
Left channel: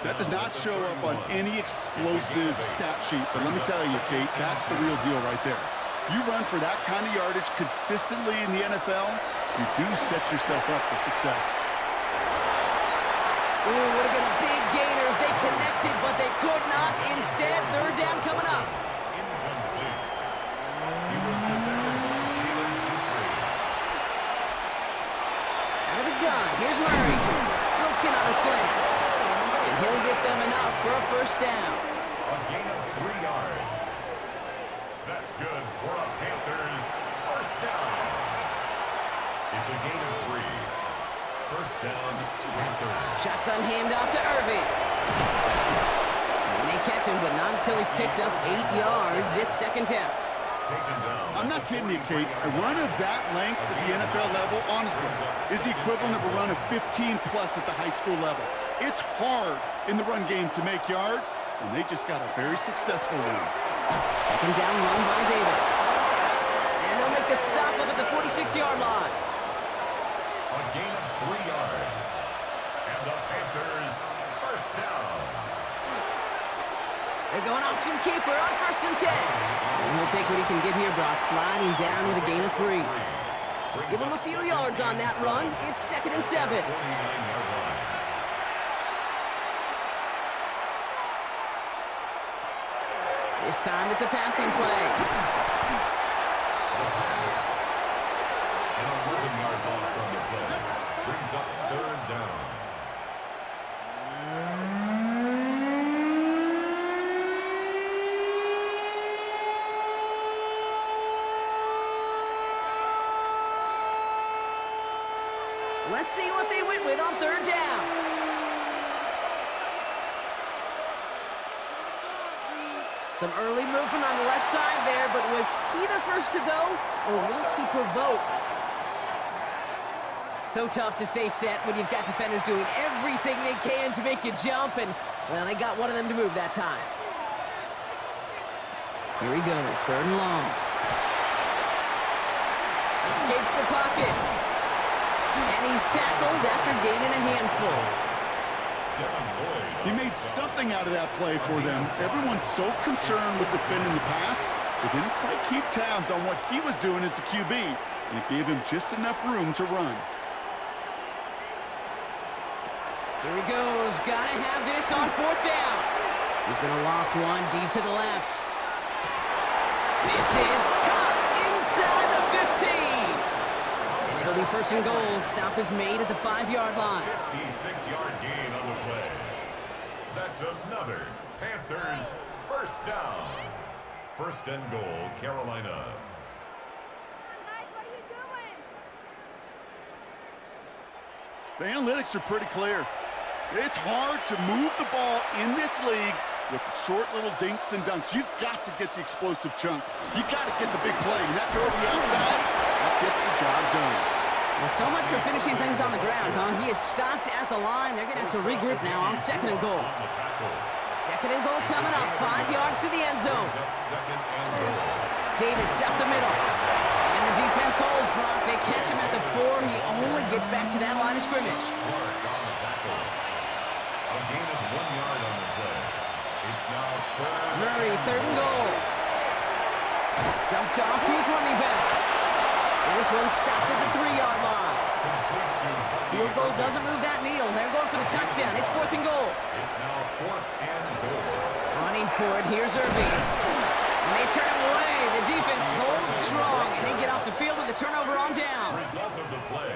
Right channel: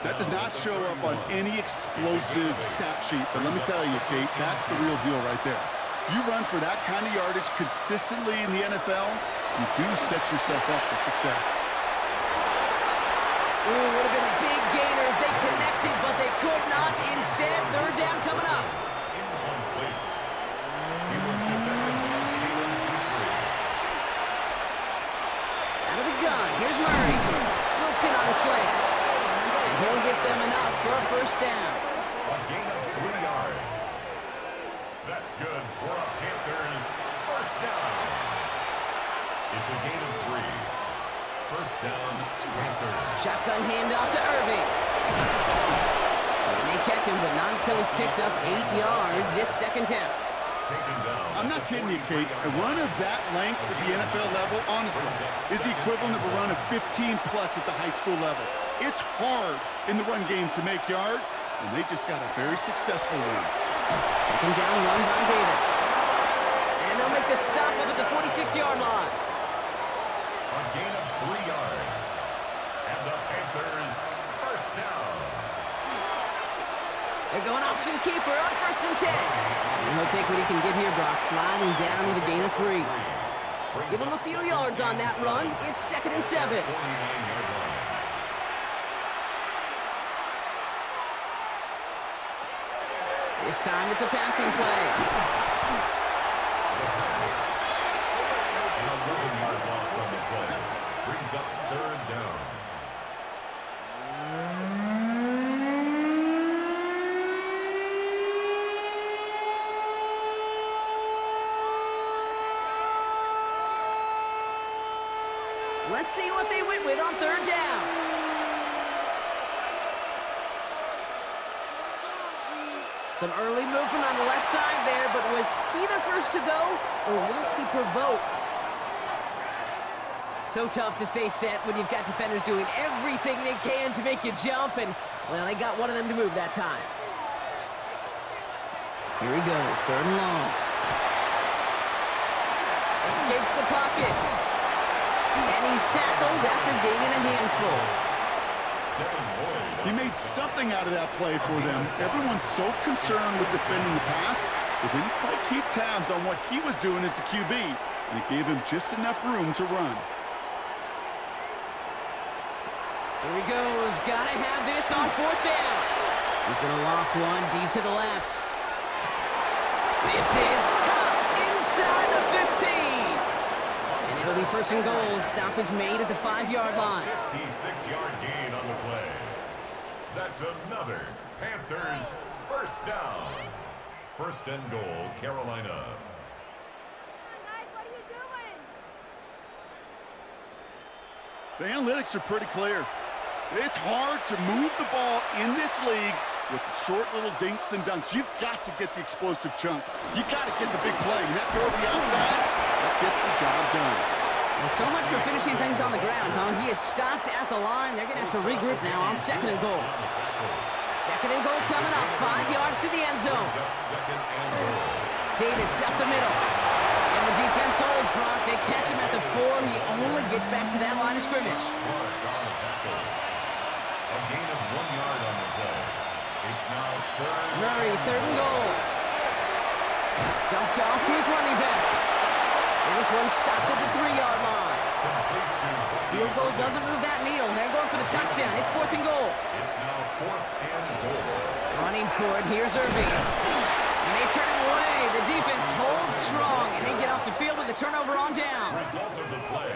That does not show up on any explosive stat sheet, but let me tell you, Kate, that's the real deal right there. You run for that kind of yardage consistently in the NFL, you do set yourself up for success. Ooh, would have been a big gainer if they connected, but they could not. Instead, third down coming up. Incomplete. He was defended by Out of the gun, here's Murray. Wilson on the slant. And he'll get them enough for a first down. A gain of 3 yards. That's good for a Panthers first down. It's a gain of 3. First down, Panthers. Shotgun handoff to Irving. And they catch him, but not until he's picked up 8 yards. It's second down. I'm not kidding you, Kate. A run of that length at the NFL level, honestly, is the equivalent of a run of 15-plus at the high school level. It's hard in the run game to make yards, and they just got a very successful one. Second down run by Davis. And they'll make the stop up at the 46-yard line. A gain of 3 yards. And the Panthers first down. They're going option keeper on 1st and 10. And he'll take what he can get here, Brock, sliding down with a gain of 3. Give him a few yards on that run. It's 2nd and 7. 49-yard line. This time it's a passing play. The pass. An 11-yard loss on the play. Brings up third down. Let's see what they went with on third down. Some early movement on the left side there, but was he the first to go, or was he provoked? So tough to stay set when you've got defenders doing everything they can to make you jump, and, well, they got one of them to move that time. Here he goes, 3rd and long. Escapes the pocket. And he's tackled after gaining a handful. He made something out of that play for them. Everyone's so concerned with defending the pass, they didn't quite keep tabs on what he was doing as a QB, and it gave him just enough room to run. Here he goes. Gotta have this on 4th down. He's gonna loft one deep to the left. This is caught inside the 15. And it'll be 1st and goal. Stop is made at the 5-yard line. 56-yard gain on the play. That's another Panthers first down. 1st and goal, Carolina. Come on, guys, what are you doing? The analytics are pretty clear. It's hard to move the ball in this league with short little dinks and dunks. You've got to get the explosive chunk. You got to get the big play. And that throw to the outside, that gets the job done. Well, so much for finishing things on the ground, huh? He is stopped at the line. They're going to have to regroup now on 2nd and goal. 2nd and goal coming up, 5 yards to the end zone. Davis up the middle. And the defense holds, Brock. They catch him at the 4. He only gets back to that line of scrimmage. A gain of 1 yard on the play. It's now 3rd. Murray, 3rd and goal. Dumped off to his running back. And this one's stopped at the 3-yard line. Field goal doesn't move that needle. They're going for the touchdown. It's 4th and goal. It's now 4th and goal. Running for it. Here's Irving. And they turn him away. The defense holds strong, and they get off the field with a turnover on downs. Result of the play.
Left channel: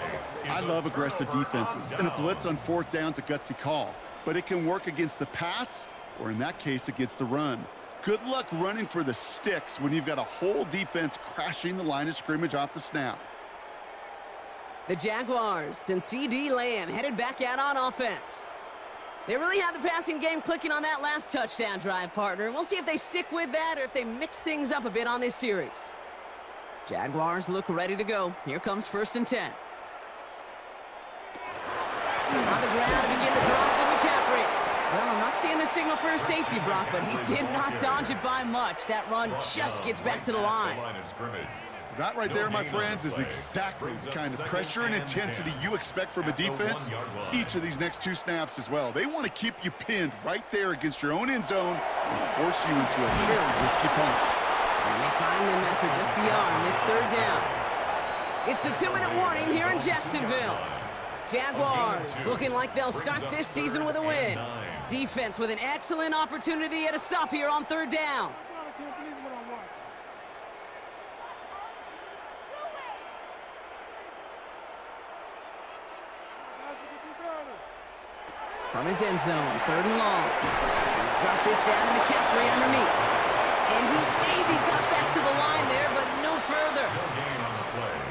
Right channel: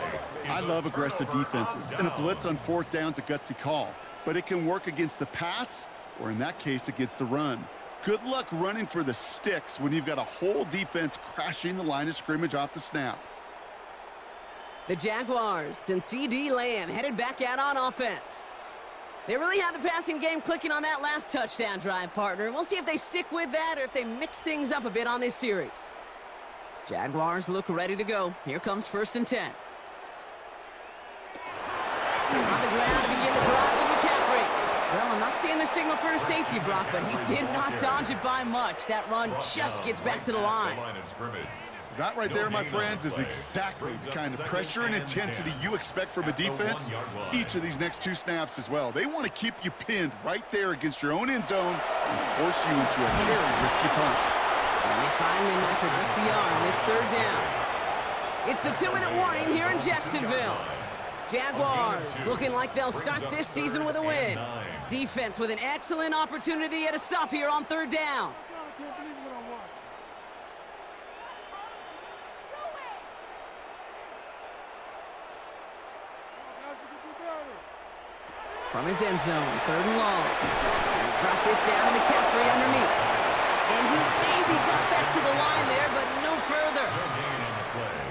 I love aggressive defenses, and a blitz on 4th down's a gutsy call. But it can work against the pass, or in that case, against the run. Good luck running for the sticks when you've got a whole defense crashing the line of scrimmage off the snap. The Jaguars and CD Lamb headed back out on offense. They really had the passing game clicking on that last touchdown drive, partner. We'll see if they stick with that or if they mix things up a bit on this series. Jaguars look ready to go. Here comes 1st and 10. On the ground to begin the drive with McCaffrey. Well, I'm not seeing the signal for a safety, Brock, but he did not dodge it by much. That run just gets back to the line. That right there, my friends, is exactly the kind of pressure and intensity you expect from a defense each of these next 2 snaps as well. They want to keep you pinned right there against your own end zone and force you into a very risky punt. And they find him after just a yard. It's 3rd down. It's the 2-minute warning here in Jacksonville. Jaguars looking like they'll start this season with a win. Defense with an excellent opportunity at a stop here on 3rd down. From his end zone, 3rd and long. Drop this down to McCaffrey underneath. And he maybe got back to the line there, but no further.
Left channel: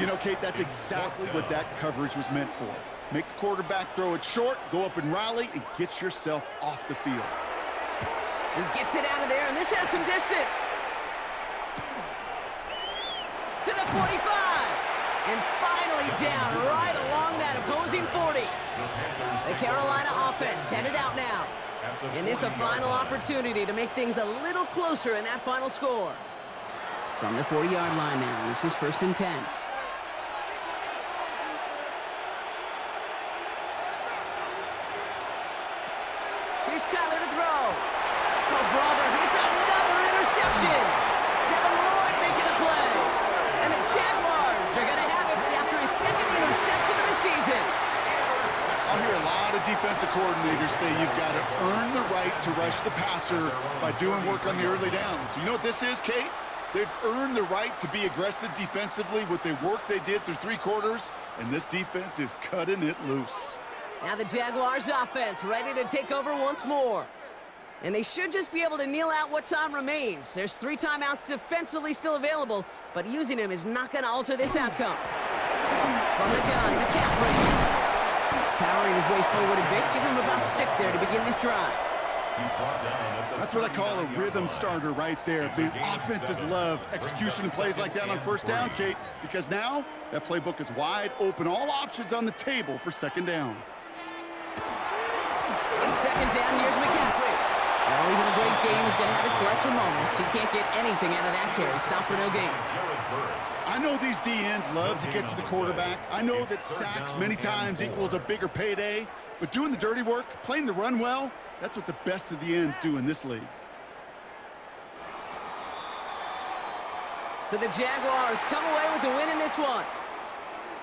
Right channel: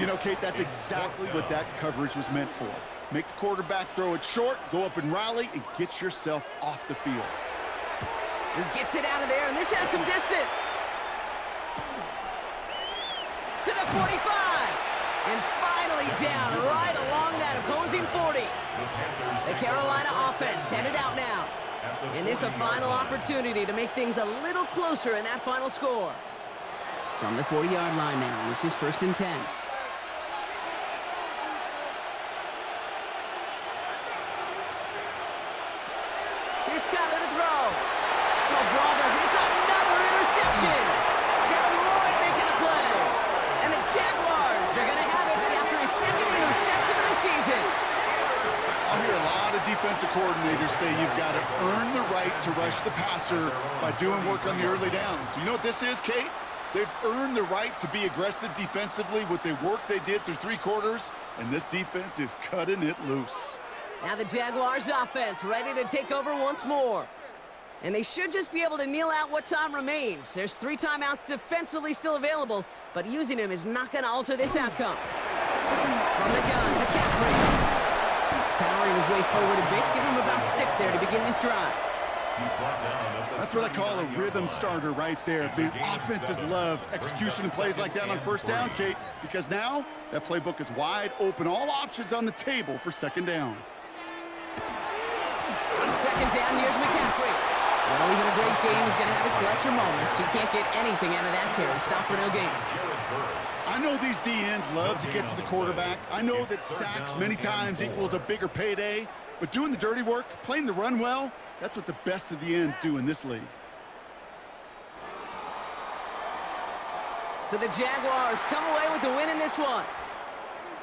You know, Kate, that's exactly what that coverage was meant for. Make the quarterback throw it short, go up and rally, and get yourself off the field. He gets it out of there, and this has some distance. To the 45. And finally down right along that opposing 40. The Carolina offense headed out now. And this a final opportunity to make things a little closer in that final score. From the 40-yard line now, this is 1st and 10. Here's Kyler to throw. Oh, brother, it's another interception. Devin Lloyd making the play. And the Jaguars are going to have it after his 2nd interception of the season. I'll hear a lot of defensive coordinators say you've got to earn the right to rush the passer by doing work on the early downs. You know what this is, Kate? They've earned the right to be aggressive defensively with the work they did through 3 quarters, and this defense is cutting it loose. Now the Jaguars offense ready to take over once more. And they should just be able to kneel out what time remains. There's 3 timeouts defensively still available, but using them is not going to alter this outcome. From the gun, McCaffrey. Powering his way forward a bit. Give him about 6 there to begin this drive. That's what I call a rhythm starter right there. The offenses love execution and plays like that on 1st down, Kate, because now that playbook is wide open. All options on the table for 2nd down. On 2nd down, here's McCaffrey. Well, even a great game is going to have its lesser moments. He can't get anything out of that carry. Stop for no gain. I know these DNs love to get to the quarterback. I know that sacks many times equals a bigger payday. But doing the dirty work, playing the run well, that's what the best of the ends do in this league. So the Jaguars come away with the win in this one.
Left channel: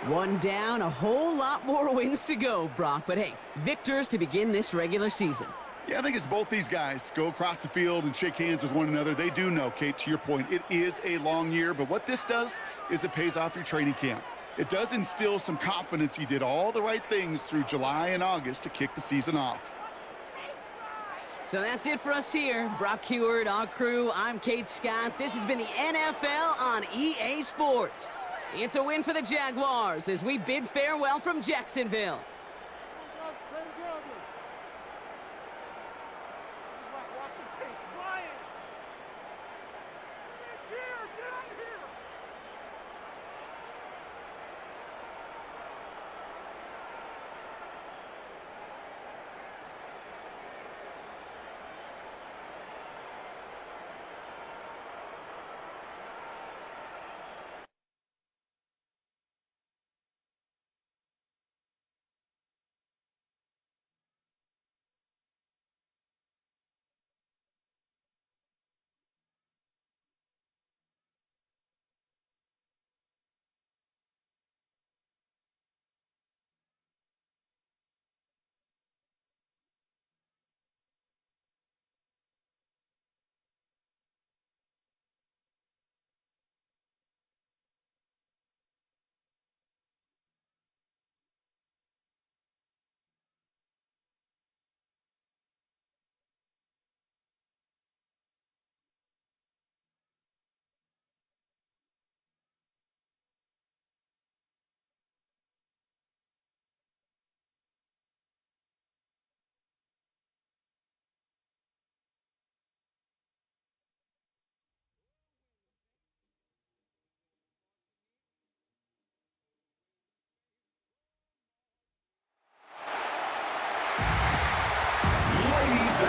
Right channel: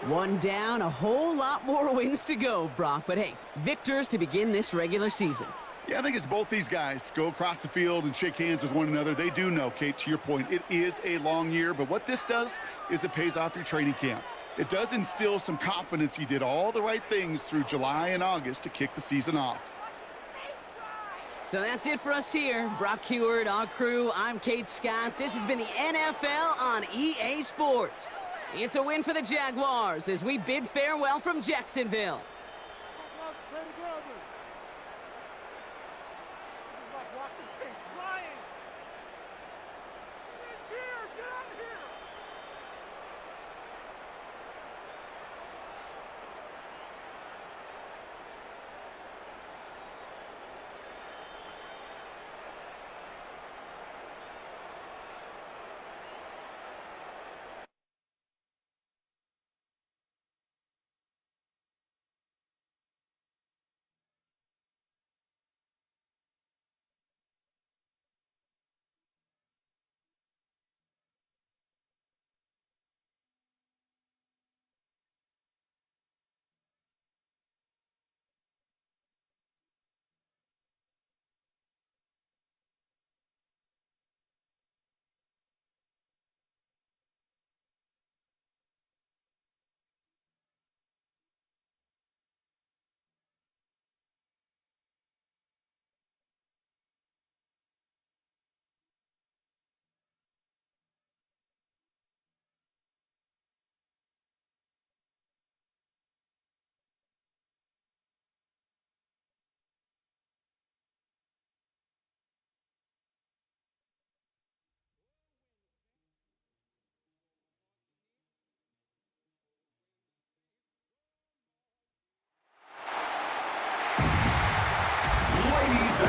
1 down, a whole lot more wins to go, Brock. But hey, victors to begin this regular season. Yeah, I think it's both these guys go across the field and shake hands with one another. They do know, Kate, to your point, it is a long year. But what this does is it pays off your training camp. It does instill some confidence he did all the right things through July and August to kick the season off. So that's it for us here. Brock Heward, our crew, I'm Kate Scott. This has been the NFL on EA Sports. It's a win for the Jaguars as we bid farewell from Jacksonville.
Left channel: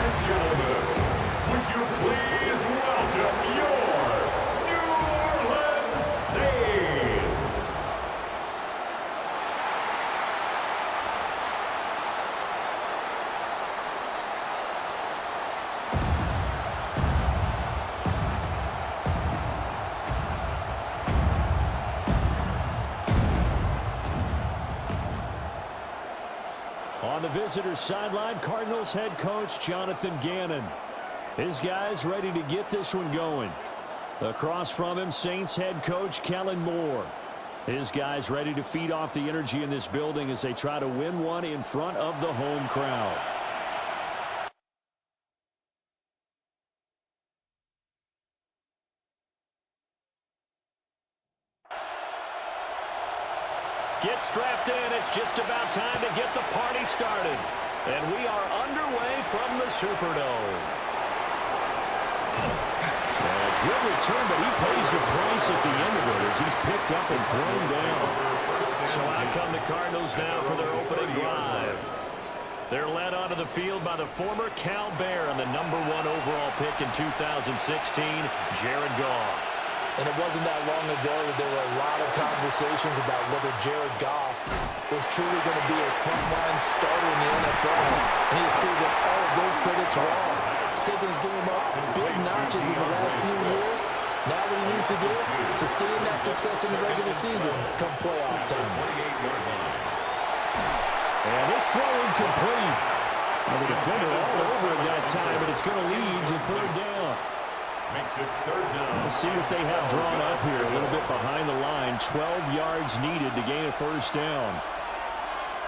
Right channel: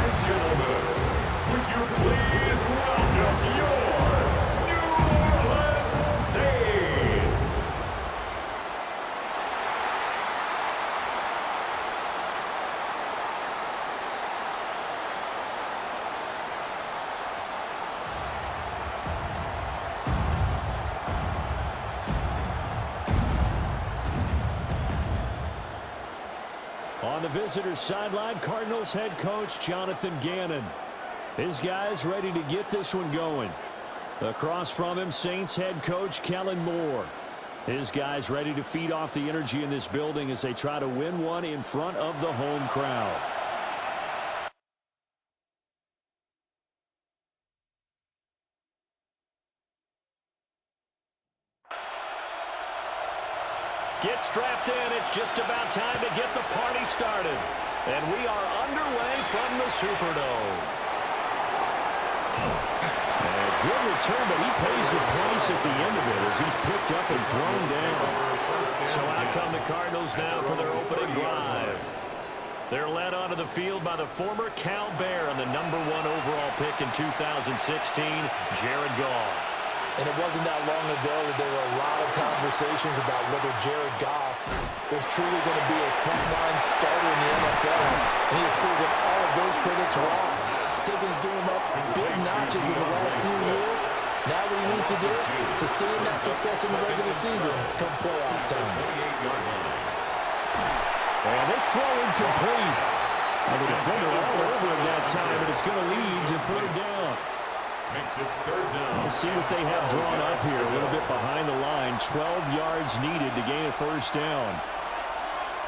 and gentlemen, would you please welcome your New Orleans Saints? On the visitors' sideline, Cardinals head coach Jonathan Gannon. His guys ready to get this one going. Across from him, Saints head coach Kellen Moore. His guys ready to feed off the energy in this building as they try to win one in front of the home crowd. Get strapped in. It's just about time to get the party started. And we are underway from the Superdome. A good return, but he pays the price at the end of it as he's picked up and thrown down. So out come the Cardinals now for their opening drive. They're led onto the field by the former Cal Bear and the #1 overall pick in 2016, Jared Goff. And it wasn't that long ago that there were a lot of conversations about whether Jared Goff was truly going to be a frontline starter in the NFL. And he has proven all of those critics wrong. He's taken his game up big notches in the last few years. Now what he needs to do, sustain that success in the regular season come playoff time. And this throw incomplete. Well, the defender all over it that time, but it's going to lead to third down. Makes it third down. Let's see what they have drawn up here. A little bit behind the line. 12 yards needed to gain a first down.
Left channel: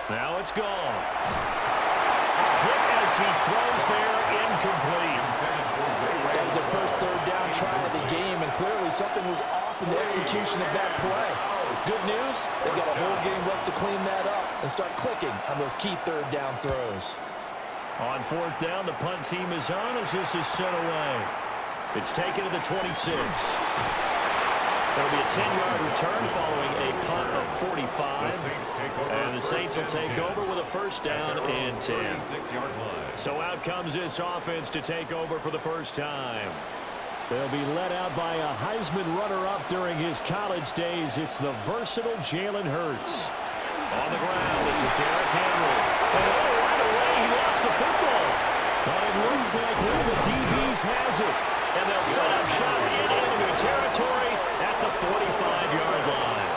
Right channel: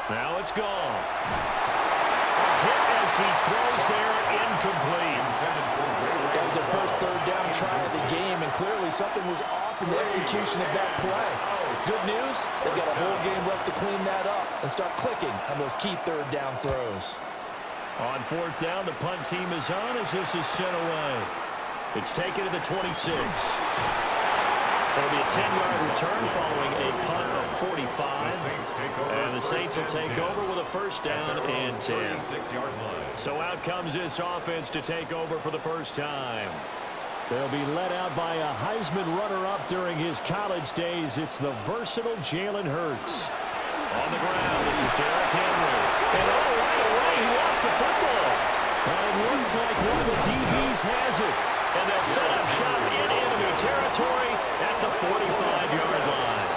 Now it's gone. A hit as he throws there, incomplete. That was their first third down try of the game, and clearly something was off in the execution of that play. Good news, they've got a whole game left to clean that up and start clicking on those key third down throws. On fourth down, the punt team is on as this is sent away. It's taken to the 26. It'll be a 10-yard return following a punt of 45. And the Saints will take over with a first down and 10. So out comes this offense to take over for the first time. They'll be led out by a Heisman runner-up during his college days. It's the versatile Jalen Hurts. On the ground, this is Derrick Henry. And right away, he lost the football. But it looks like one of the DBs has it. And they'll set up shop in enemy territory at the 45-yard line.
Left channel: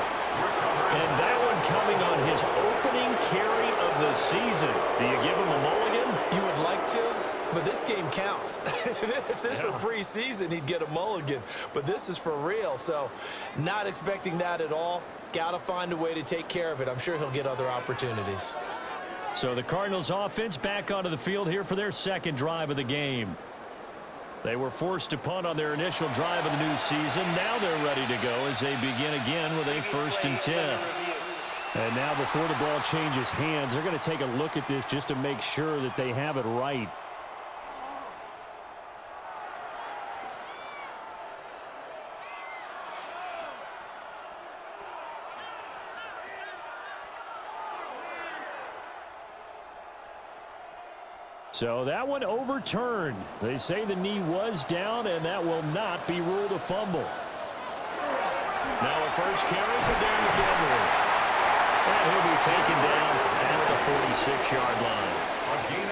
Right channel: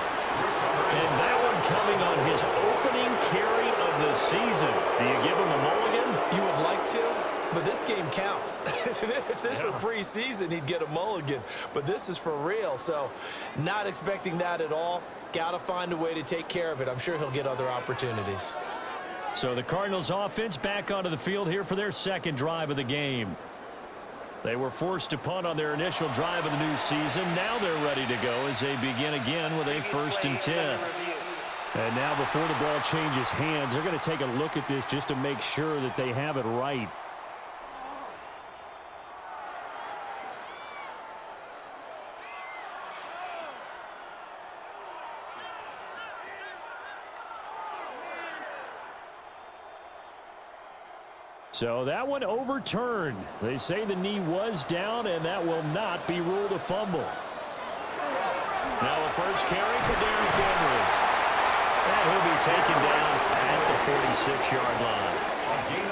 And that one coming on his opening carry of the season. Do you give him a mulligan? You would like to, but this game counts. If this were preseason, he'd get a mulligan. But this is for real, so not expecting that at all. Got to find a way to take care of it. I'm sure he'll get other opportunities. So the Cardinals offense back onto the field here for their second drive of the game. They were forced to punt on their initial drive of the new season. Now they're ready to go as they begin again with a 1st and 10. And now before the ball changes hands, they're going to take a look at this just to make sure that they have it right. So that one overturned. They say the knee was down, and that will not be ruled a fumble. Now a first carry for Derrick Henry. And he'll be taken down at the 46-yard line.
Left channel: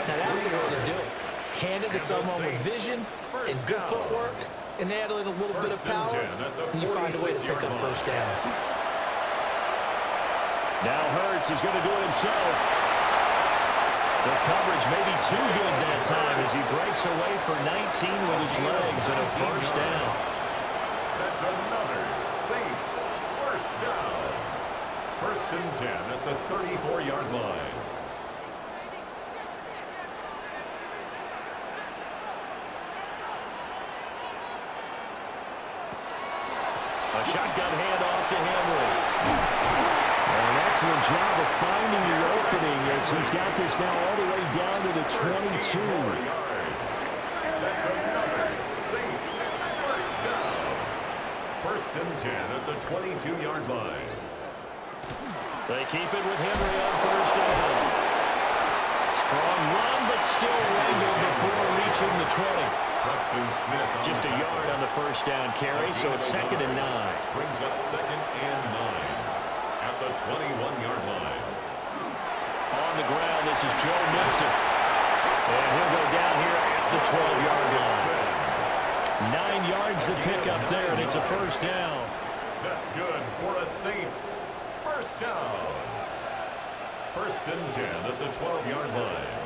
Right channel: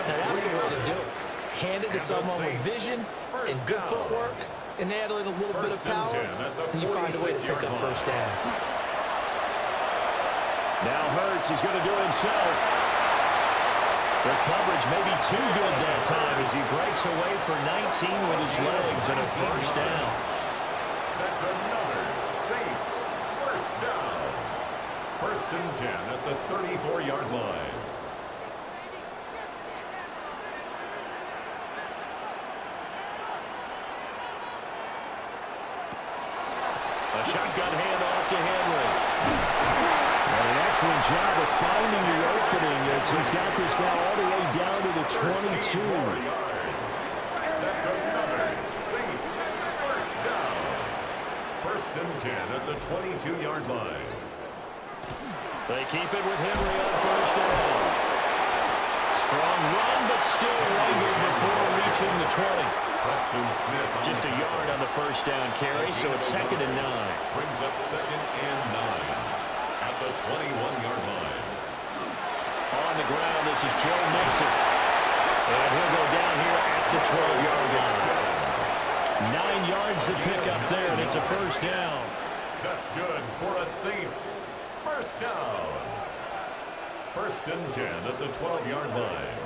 Now that's the way to do it. Hand it to someone with vision and good footwork, and add in a little bit of power, and you find a way to pick up first downs. Now Hurts is going to do it himself. The coverage may be too good that time as he breaks away for 19 with his legs and a first down. That's another Saints first down. 1st and 10 at the 34-yard line. A shotgun handoff to Henry. And an excellent job of finding the opening as he's got this now all the way down to the 22. That's another Saints first down. 1st and 10 at the 22-yard line. They keep it with Henry on first down. Strong run, but still wrangled before reaching the 20. Preston Smith Just a yard on the first down carry, so it's 2nd and 9. Brings up 2nd and 9 at the 21-yard line. On the ground, this is Joe Mixon. And he'll go down here at the 12-yard line. 9 yards to pick up there, and it's a first down. That's good for a Saints. First down. 1st and 10 at the 12-yard line.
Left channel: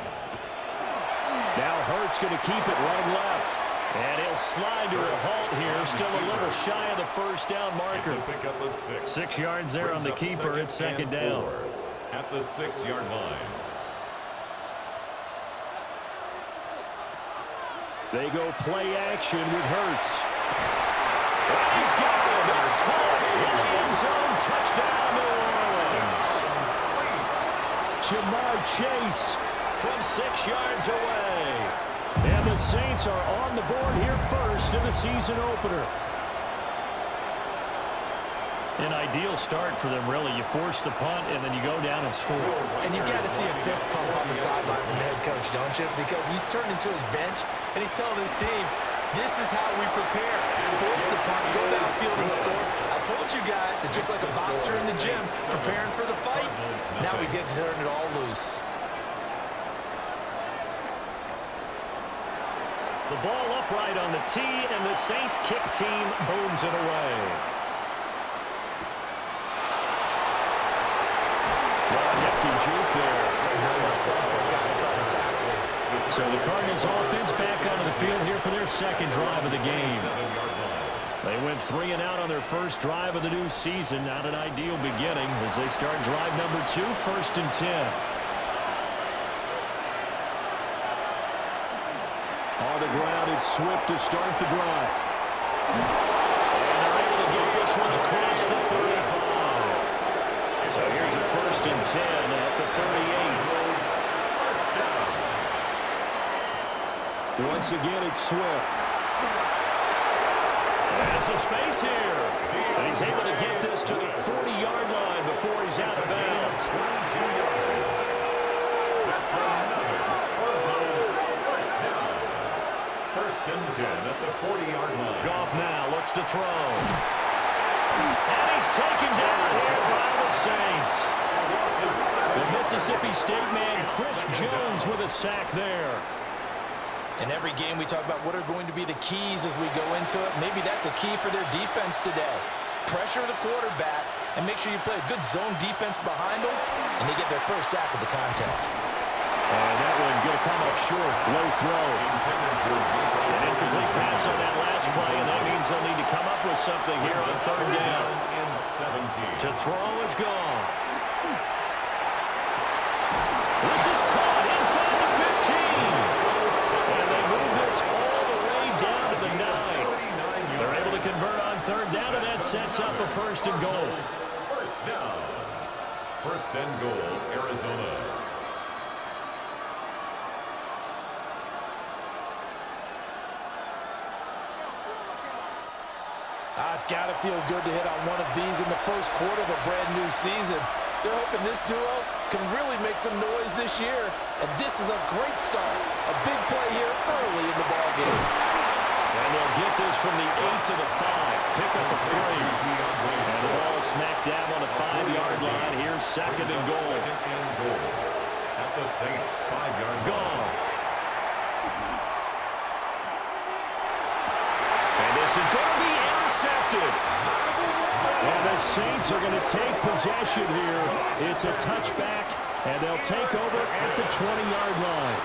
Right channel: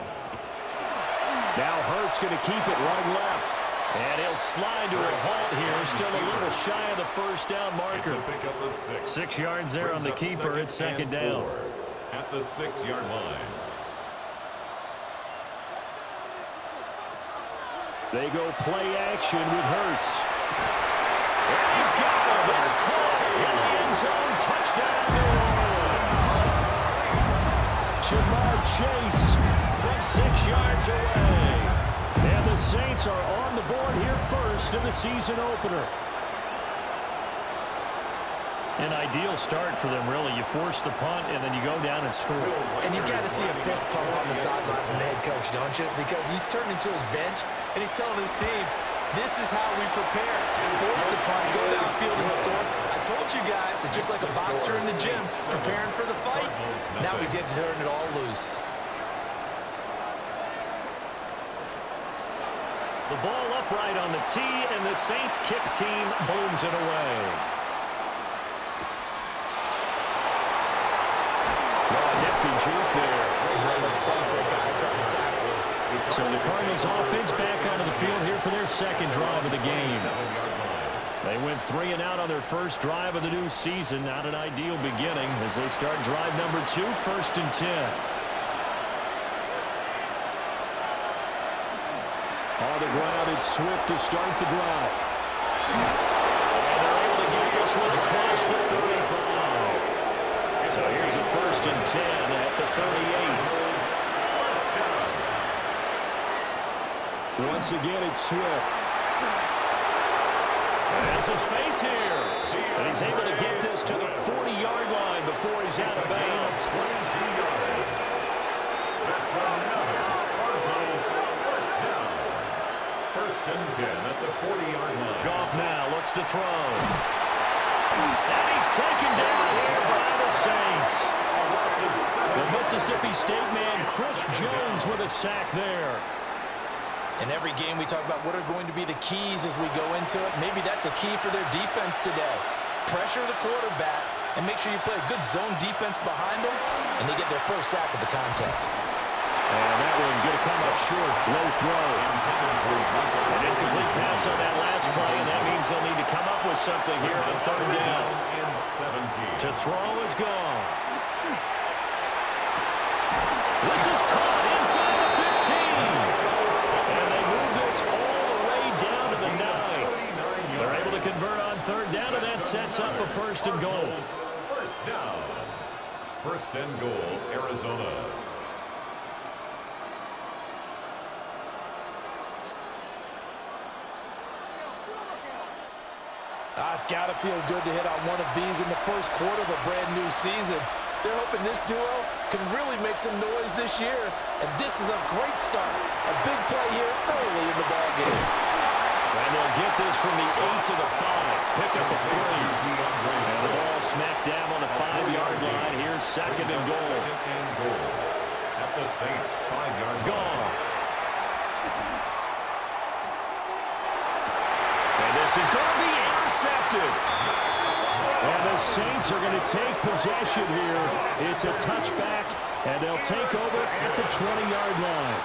Now Hurts going to keep it running left. And he'll slide to a halt here, still a little shy of the first down marker. It's a pickup of 6. 6 yards there on the keeper. It's 2nd down. At the 6-yard line. They go play action with Hurts. And he's got him. It's caught in the end zone. Touchdown, New Orleans. Jamar Chase from 6 yards away. And the Saints are on the board here first in the season opener. An ideal start for them, really. You force the punt, and then you go down and score. And you've got to see a fist pump on the sideline from the head coach, don't you? Because he's turned into his bench, and he's telling his team, this is how we prepare. Force the punt, go downfield and score. I told you guys, it's just like a boxer in the gym, preparing for the fight. Now we get to turn it all loose. The ball upright on the tee, and the Saints kick team booms it away. Nifty juke there. Not much fun for a guy trying to tackle him. So the Cardinals offense back onto the field here for their second drive of the game. They went 3 and out on their first drive of the new season. Not an ideal beginning as they start drive number 2, 1st and 10. On the ground, it's Swift to start the drive. And they're able to get this one across the 35. So here's a 1st and 10 at the 38. Once again, it's Swift. And some space here. And he's able to get this to the 40-yard line before he's out of bounds. 22 yards. That's another Cardinals first down. 1st and 10 at the 40-yard line. Goff now looks to throw. And he's taken down here by the Saints. The Mississippi State man, Chris Jones, with a sack there. In every game we talk about what are going to be the keys as we go into it. Maybe that's a key for their defense today. Pressure the quarterback and make sure you play a good zone defense behind them, and they get their first sack of the contest. And that one going to come up short. Low throw. An incomplete pass on that last play, and that means they'll need to come up with something here on 3rd down. To throw is Goff. This is caught inside the 15. And they move this all the way down to the 9. They're able to convert on 3rd down, and that sets up a 1st and goal. First down. 1st and goal, Arizona. It's got to feel good to hit on one of these in the first quarter of a brand-new season. They're hoping this duo can really make some noise this year, and this is a great start. A big play here early in the ballgame. And they'll get this from the 8 to the 5. Pick up a 3. And the ball smacked down on the 5-yard line. Here's 2nd and goal. 2nd and goal. At the Saints 5-yard line. Goff. And this is going to be intercepted. And the Saints are going to take possession here. It's a touchback, and they'll take over at the 20-yard line.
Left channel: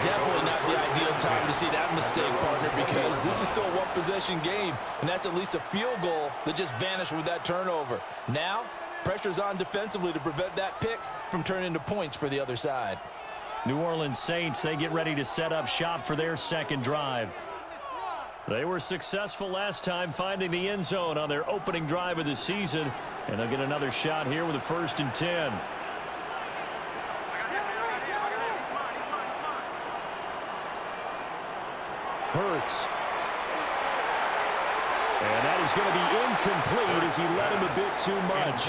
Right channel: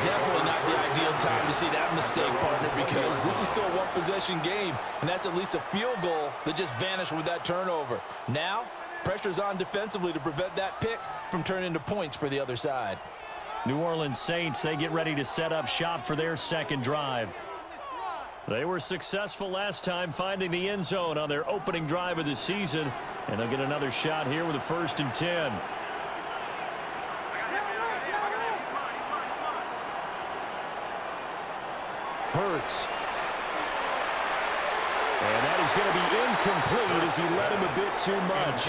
Definitely not the ideal time to see that mistake, partner, because this is still a one-possession game, and that's at least a field goal that just vanished with that turnover. Now, pressure's on defensively to prevent that pick from turning into points for the other side. New Orleans Saints, they get ready to set up shop for their second drive. They were successful last time finding the end zone on their opening drive of the season, and they'll get another shot here with a 1st and 10. Hurts. And that is going to be incomplete as he led him a bit too much.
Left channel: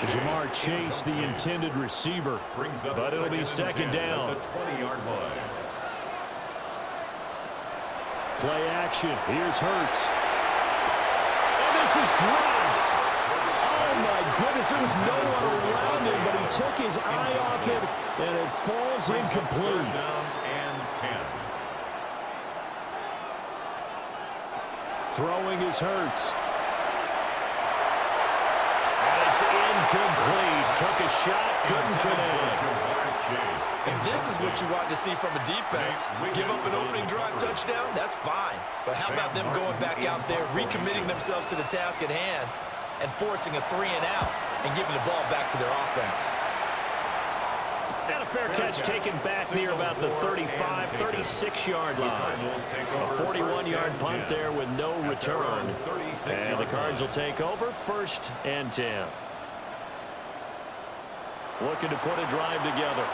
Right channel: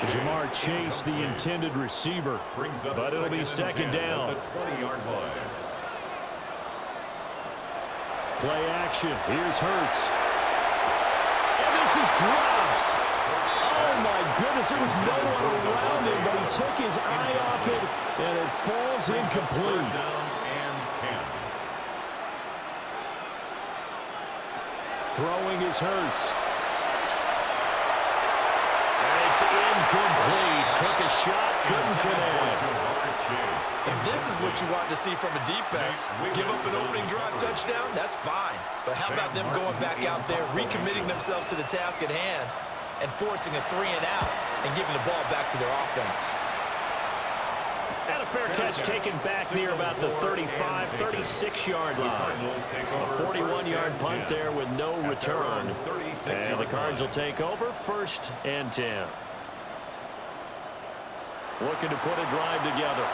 Ja'Marr Chase, the intended receiver, but it'll be second down. Play action. Here's Hurts. And this is dropped. Oh, my goodness. There was no one around him, but he took his eye off it, and it falls incomplete. Throwing is Hurts. And it's incomplete. Took a shot, couldn't connect. If this is what you want to see from a defense, give up an opening drive touchdown, that's fine. But how about them going back out there, recommitting themselves to the task at hand, and forcing a 3-and-out and giving the ball back to their offense? And a fair catch taken back near about the 35, 36-yard line. A 41-yard punt there with no return. And the Cards will take over, 1st and 10. Looking to put a drive together.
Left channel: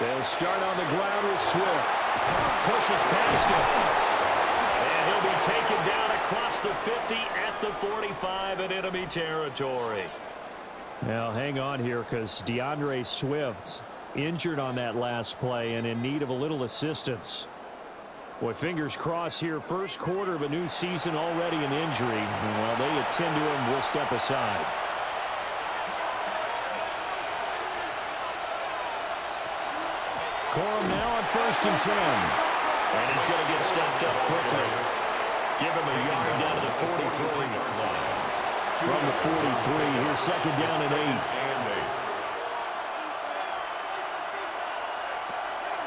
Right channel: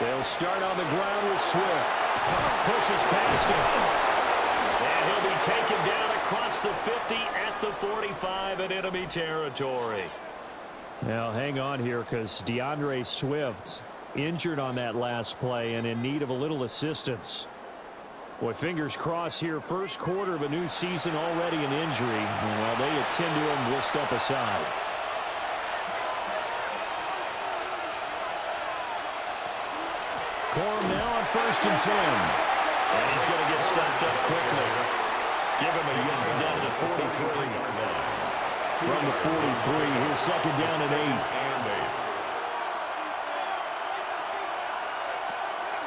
They'll start on the ground with Swift. Pushes past him. And he'll be taken down across the 50 at the 45 in enemy territory. Now, hang on here because DeAndre Swift injured on that last play and in need of a little assistance. Boy, fingers crossed here. First quarter of a new season, already an injury. While they attend to him, we'll step aside. Corum now on 1st and 10. And he's going to get stopped up quickly. Give him a yard down to the 43-yard line. From the 43, here's second down and 8.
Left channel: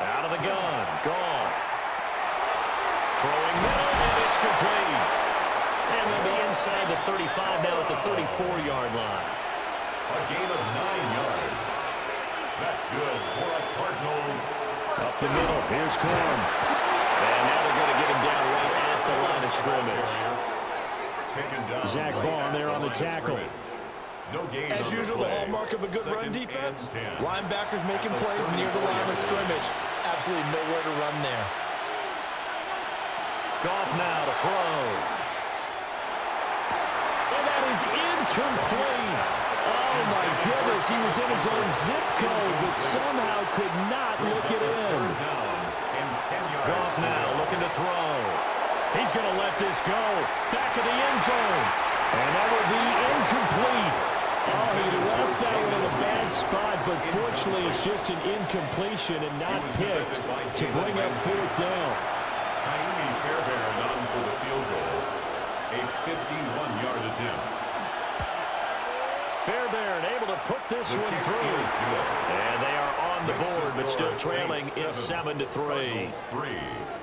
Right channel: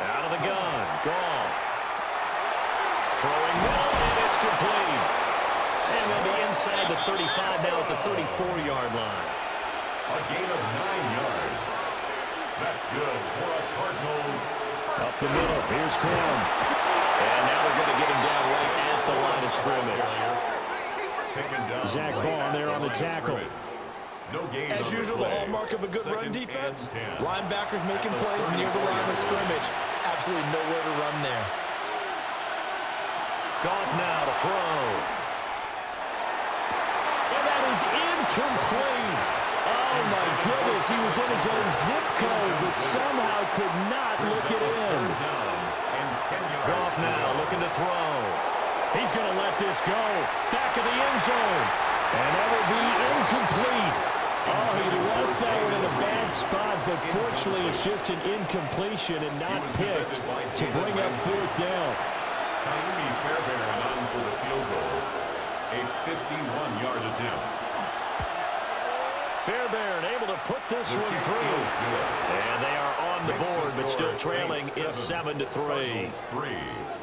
Out of the gun, Goff. Throwing middle, and it's complete. And they'll be inside the 35 now at the 34-yard line. A gain of 9 yards. That's good for a Cardinals. Up the middle, here's Corum. And now they're going to get him down right at the line of scrimmage. Zach Bond there on the tackle. As usual, the hallmark of a good run defense, linebackers making plays near the line of scrimmage. Absolutely nowhere to run there. Goff now to throw. And that is incomplete. Oh, my goodness. He was in his own zip code, but somehow could not look it in. Goff now looking to throw. He's going to let this go. Back of the end zone. And that will be incomplete. Oh, he left that one in a bad spot, but fortunately it's just an incompletion and not picked to bring up 4th down. Fairbairn on for the field goal. A 51-yard attempt. Fairbairn able to put this one through. And they are on the board, but still trailing. It's 7-3.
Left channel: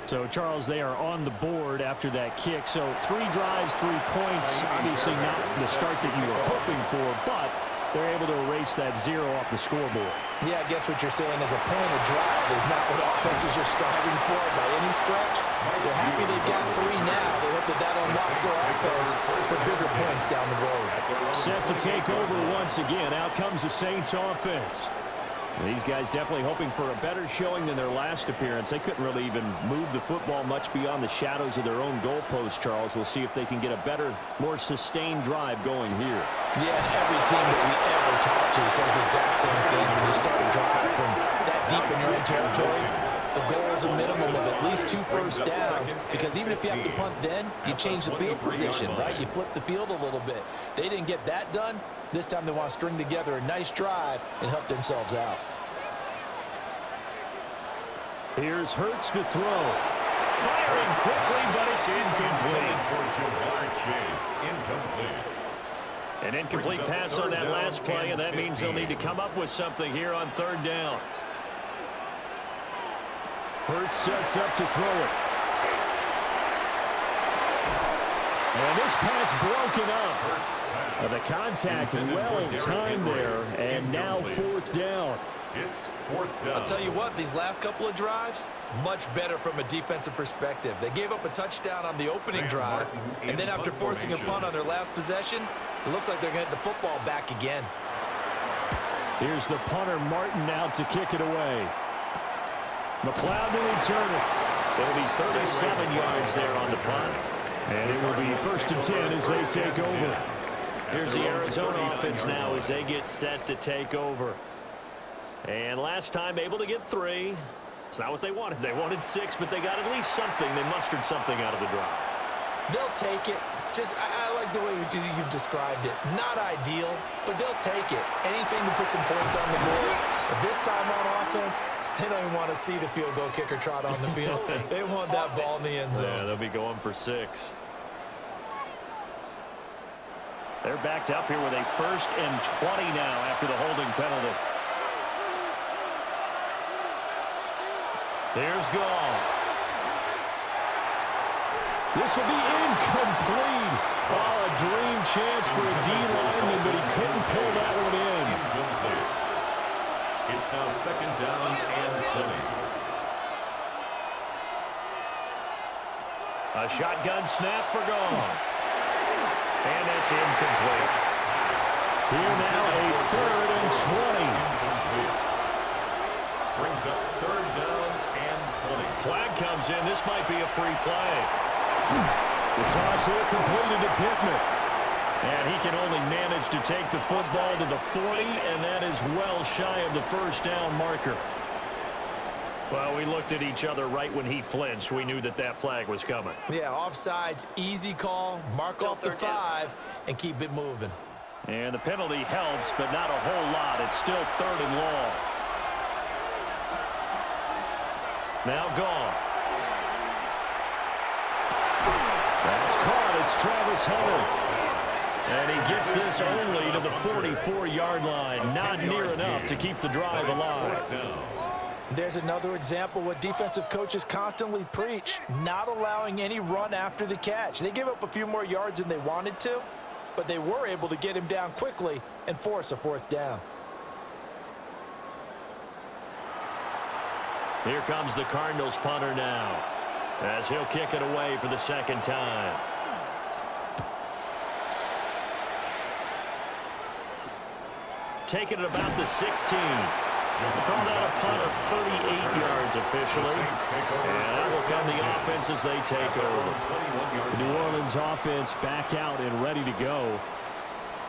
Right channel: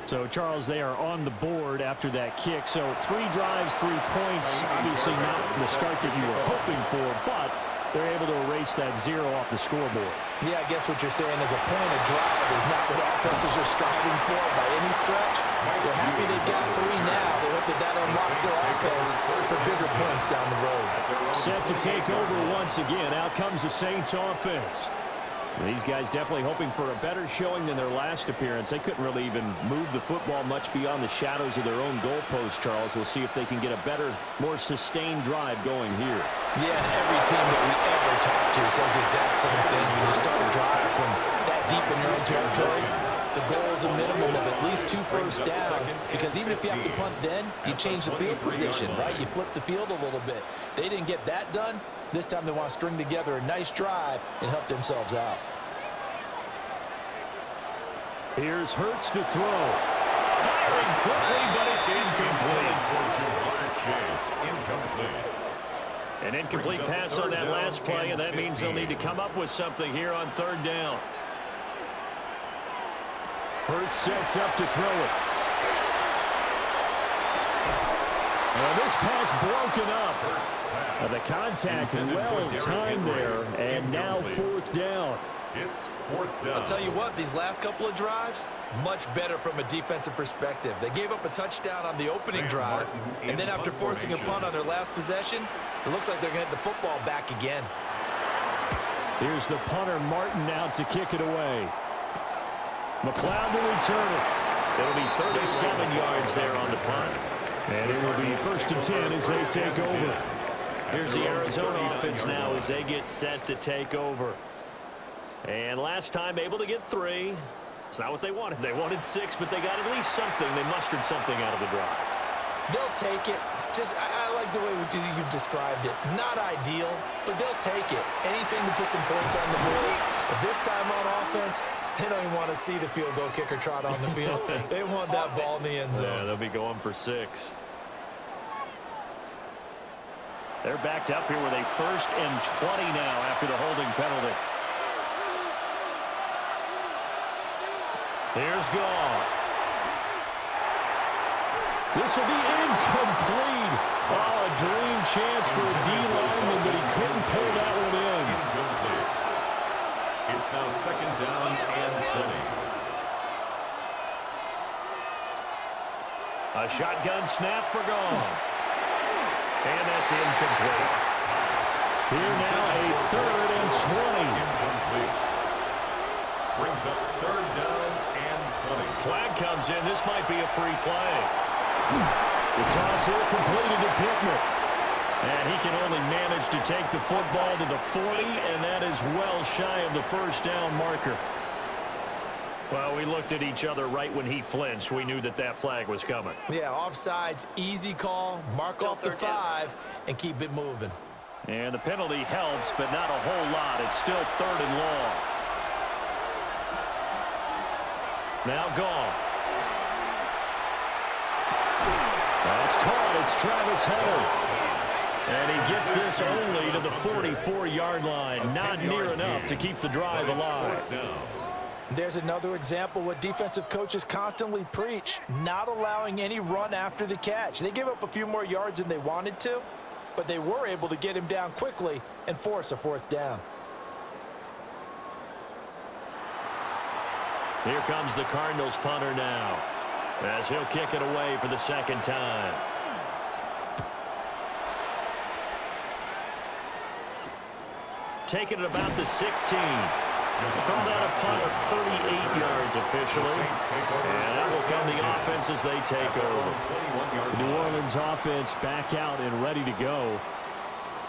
So, Charles, they are on the board after that kick. So, 3 drives, 3 points. Obviously not the start that you were hoping for, but they're able to erase that 0 off the scoreboard. Yeah, I guess what you're saying is a point of drive is not what offenses are striving for by any stretch. They're happy they've got 3 now. They hope that that unlocks their offense for bigger points down the road. Set to take over once again. Out comes the Saints offense. These guys definitely hoping for a better showing than their last appearance. They couldn't really even move the football much beyond the shadows of their own goalpost, Charles. We'll see if they can get a better, more sustained drive going here. Yeah, and every team that we ever talk to says the exact same thing. When you start a drive from that deep in your own territory, the goal is a minimum of at least 2 first downs, because even if you have to punt then, you change the field position, right? You flip the field a little bit. They didn't get that done. This time they want to string together a nice drive and help themselves out. Here's Hurts to throw. Firing quickly, but it's incomplete. An incomplete pass on that last play, and that means they'll need to come up with something here on 3rd down. Hurts sets up to throw it. And this pass broken up. The contact well timed there, and now 4th down. It's 4th down. I'll tell you what, these last couple of drives, much better from a defensive perspective. They gave up a touchdown on the opening drive, and then after forcing a punt on their last possession, it looks like they're going to get the football back again. Here's the punter, Martin, out to kick it away. McLeod to return it. It'll be 37 yards there on the punt. And it will be 1st and 10 as they take over. Here's the Arizona offense now as they get set to take over. And last time able to get 3. It's not what they wanted. They wanted 6, but they got at least something. They mustered something out of the drive. They'll take it. I like the way you've described it. Not ideal, but they'll take it. Anything to put some points on the board. But this time on offense, they don't even want to see the field goal kicker trot on the field. They want that ball in the end zone. Yeah, they'll be going for 6. They're backed up here with a 1st and 20 now after the holding penalty. Here's Goff. This will be incomplete. Oh, a dream chance for a D lineman, but he couldn't pull that one in. Incomplete. It's now 2nd down and 20. A shotgun snap for Goff. And that's incomplete. Here now a 3rd and 20. Incomplete. Brings up 3rd down and 20. Flag comes in. This might be a free play. The toss here completed to Pittman. And he can only manage to take the football to the 40, and that is well shy of the 1st down marker. Well, we looked at each other right when he flinched. We knew that that flag was coming. Yeah, offsides, easy call, mark off the 5, and keep it moving. And the penalty helps, but not a whole lot. It's still 3rd and long. Now Goff. That's caught. It's Travis Hunter. And he gets this only to the 44-yard line. Not near enough to keep the drive alive. There's another example what defensive coaches constantly preach, not allowing any run after the catch. They gave up a few more yards than they wanted to, but they were able to get him down quickly and force a 4th down. Here comes the Cardinals punter now, as he'll kick it away for the 2nd time. Taking it about the 16. Call that a punt of 38 yards officially. And that will come the offense as they take over. The New Orleans offense back out and ready to go.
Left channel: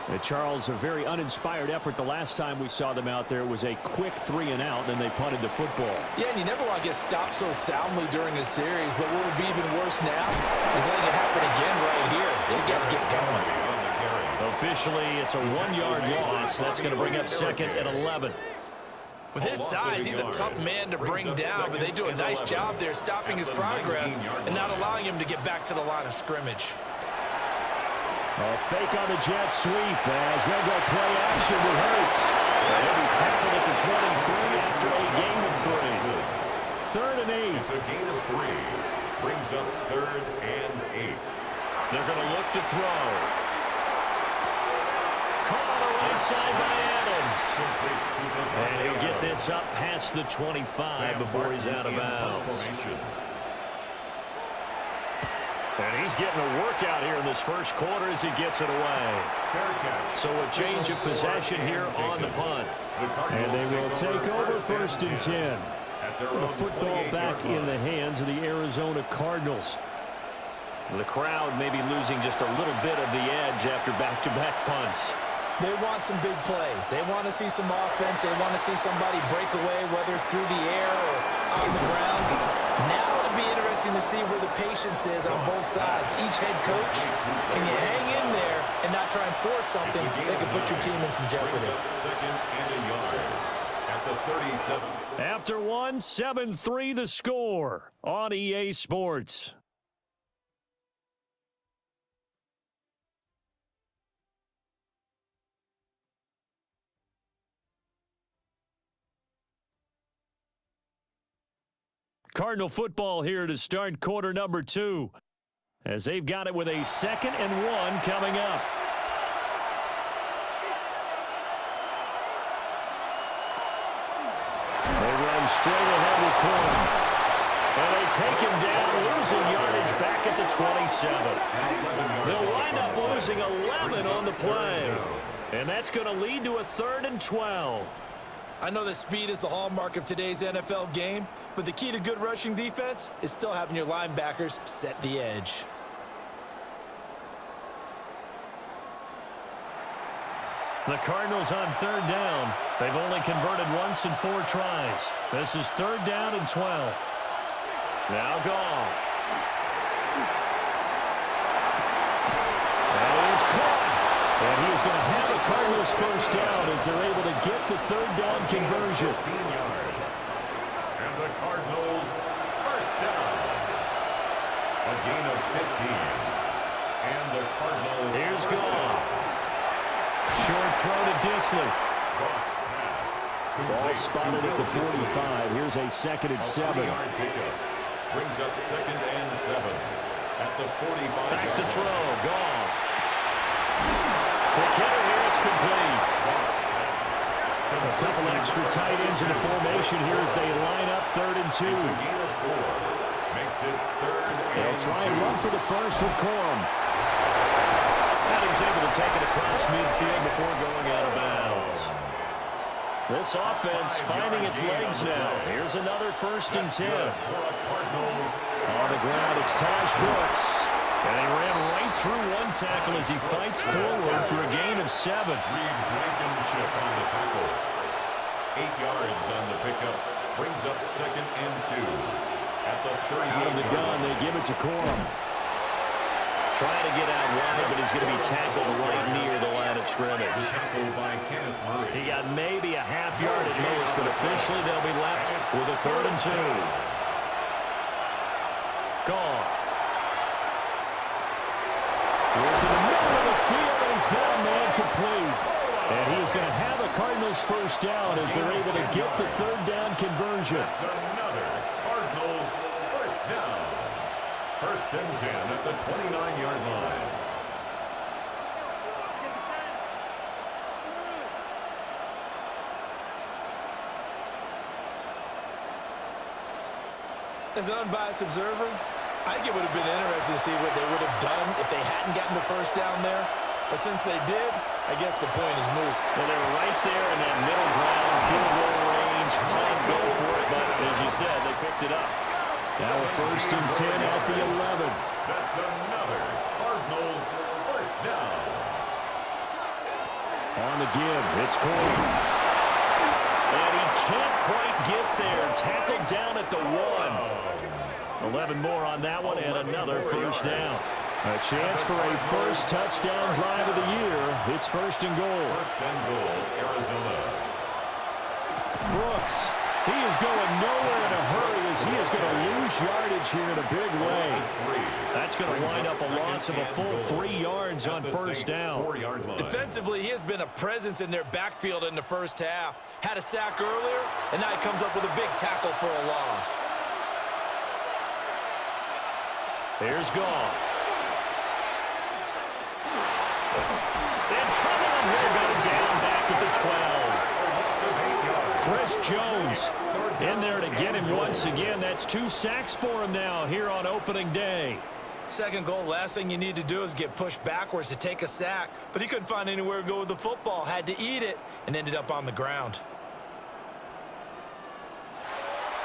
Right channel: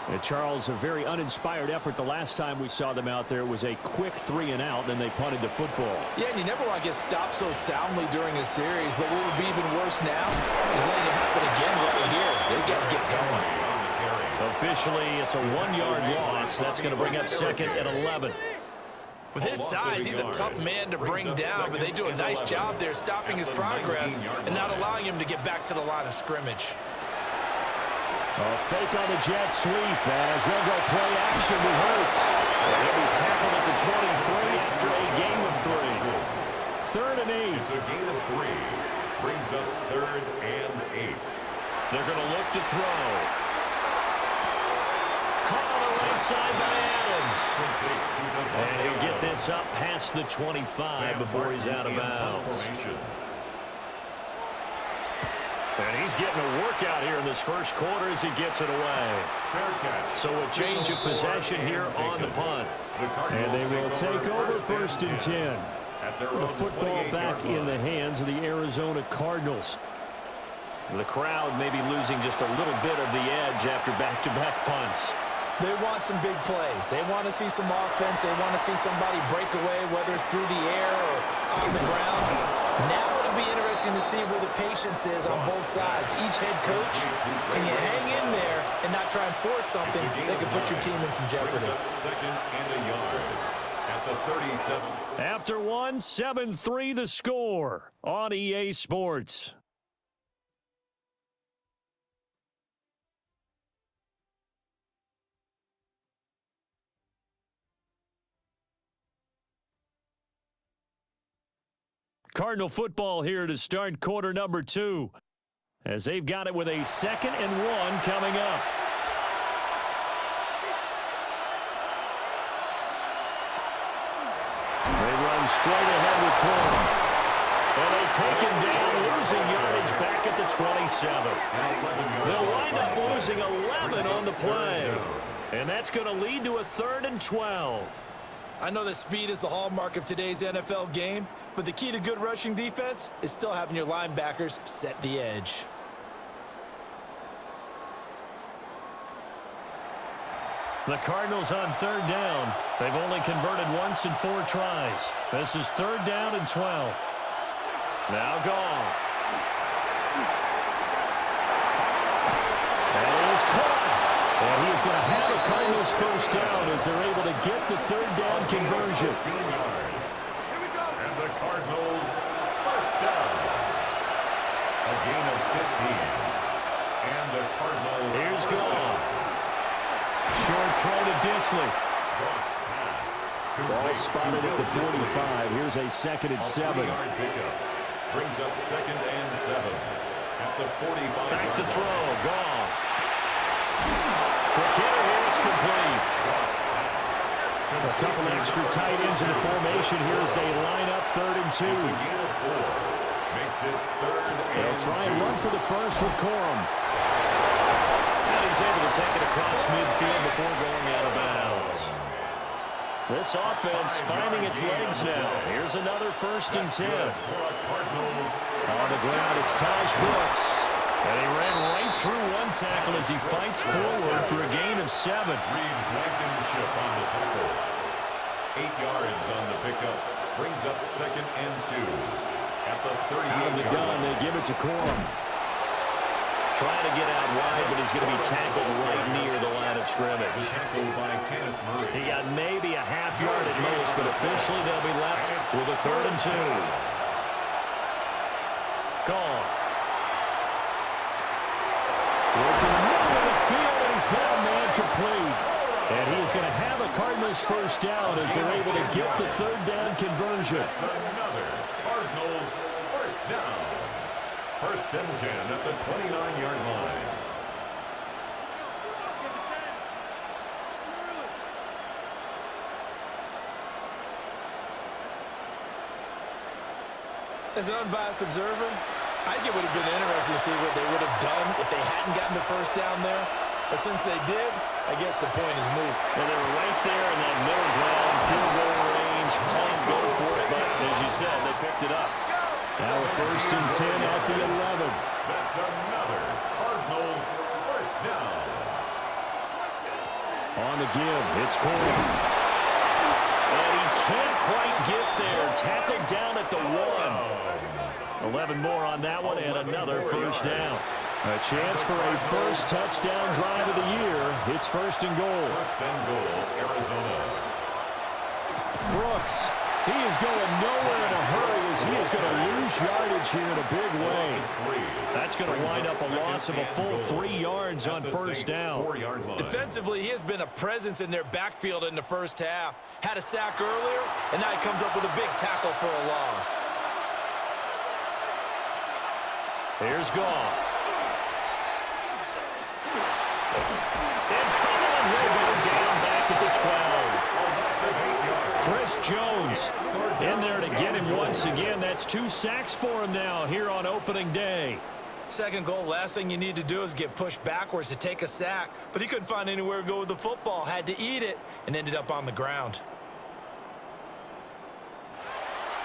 And Charles, a very uninspired effort the last time we saw them out there. It was a quick 3 and out, then they punted the football. Yeah, and you never want to get stopped so soundly during a series, but what would be even worse now is letting it happen again right here. They've got to get going. Officially, it's a 1-yard loss. That's going to bring up 2nd and 11. With his size, he's a tough man to bring down, but they do a nice job there stopping his progress and not allowing him to get back to the line of scrimmage. A fake on the jet sweep as they'll go play action with Hurts. And he'll be tackled at the 23 after a gain of 3. 3rd and 8. It's a gain of 3. Brings up 3rd and 8. They're going to look to throw. Caught on the right side by Adams. And he'll get this up past the 25 before he's out of bounds. And he's getting a workout here in this 1st quarter as he gets it away. So a change of possession here on the punt. And they will take over 1st and 10. The football back in the hands of the Arizona Cardinals. The crowd may be losing just a little bit of the edge after back-to-back punts. They want some big plays. They want to see some offense. They want to see somebody break away, whether it's through the air or on the ground. Now it'll be interesting to see where the patience is on both sides. Each head coach, can you hang in there and not try and force something that could put your team in some jeopardy? 2nd and a yard at the 37. After 1, 7-3 the score on EA Sports. Cardinal football here to start quarter number 2, as they've got it with a 2nd and 1 coming up. They run straight ahead with Corum. And they take him down, losing yardage back at the 27. They'll wind up losing 11 on the play. And that's going to lead to a 3rd and 12. I know that speed is the hallmark of today's NFL game, But the key to good rushing defense is still having your linebackers set the edge. The Cardinals on third down. They've only converted once in 4 tries. This is third down and 12. Now Goff. That is caught. And he is going to have a Cardinals first down as they're able to get the third down conversion. 15 yards. And the Cardinals first down. A gain of 15. And the Cardinals Here's first Goff. down. Short throw to Disley. Goff's pass. Ball spotted at the 45. Here's a 2nd and 7. 40-yard pickup. Brings up 2nd and 7. At the 45. Back to throw. Goff. Quick hitter here. It's complete. Goff's pass. A couple extra tight ends in the formation here as they line up 3rd and 2. It's a gain of 4. Makes it 3rd and 2. They'll try and run for the first with Corum. And he's able to take it across midfield before going out of bounds. This offense finding its legs now. Here's another 1st and 10. On the ground, it's Taj Brooks. And he ran right through one tackle as he fights forward for a gain of 7. Reed Blankenship on the tackle. 8 yards on the pickup. Brings up 2nd and 2. At the 38. Out of the gun, they give it to Corum. Trying to get out wide, but he's going to be tackled right near the line of scrimmage. Tackled by Kenneth Murray. He got maybe a half yard at most, but officially they'll be left with a 3rd and 2. Gone. Worth in the middle of the field, and he's got a man complete. And he is going to have a Cardinals first down as they're able to get the 3rd down conversion. That's another Cardinals first down. 1st and 10 at the 29-yard line. As an unbiased observer, I think it would have been interesting to see what they would have done if they hadn't gotten the first down there. But since they did, I guess the point is moot. Well, they were right there in that middle ground, field goal range, punt, go for it. But as you said, they picked it up. Now a 1st and 10 at the 11. That's another Cardinals first down. On the give, it's Corum. And he can't quite get there. Tackled down at the 1. 11 more on that one, and another first down. A chance for a first touchdown drive of the year. It's 1st and goal. 1st and goal, Arizona. Brooks. He is going nowhere in a hurry as he is going to lose yardage here in a big way. That's going to wind up a loss of a full 3 yards on first down. Defensively, he has been a presence in their backfield in the first half. Had a sack earlier, and now he comes up with a big tackle for a loss. Here's Goff. In trouble, and he'll go down back at the 12. Chris Jones in there to get him once again. That's 2 sacks for him now here on opening day. 2nd goal, last thing you need to do is get pushed backwards to take a sack. But he couldn't find anywhere to go with the football, had to eat it, and ended up on the ground.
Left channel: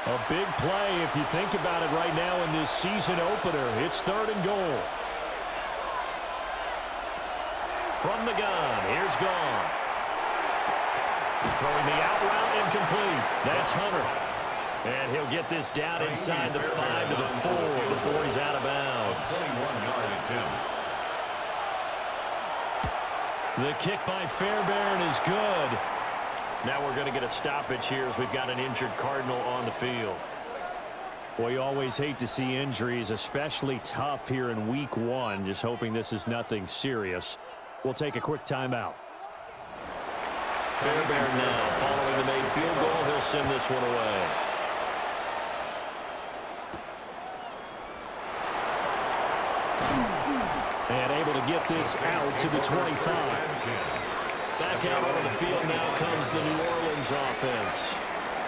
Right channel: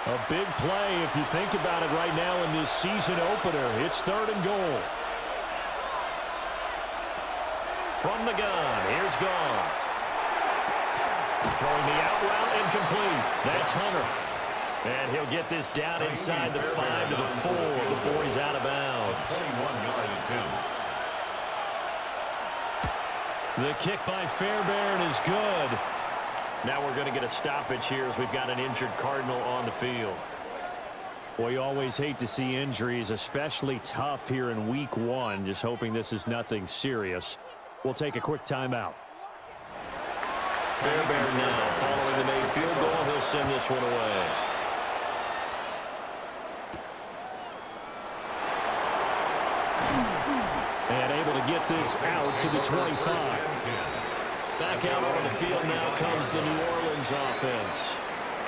A big play if you think about it right now in this season opener. It's 3rd and goal. From the gun, here's Goff. Throwing the out route incomplete. That's Hunter. And he'll get this down inside the 5 to the 4 before he's out of bounds. 21-yard attempt. The kick by Fairbairn is good. Now we're going to get a stoppage here as we've got an injured Cardinal on the field. Well, you always hate to see injuries, especially tough here in week 1. Just hoping this is nothing serious. We'll take a quick timeout. Fairbairn now following the made field goal. He'll send this one away. And able to get this out to the 25. Back out on the field now comes the New Orleans offense.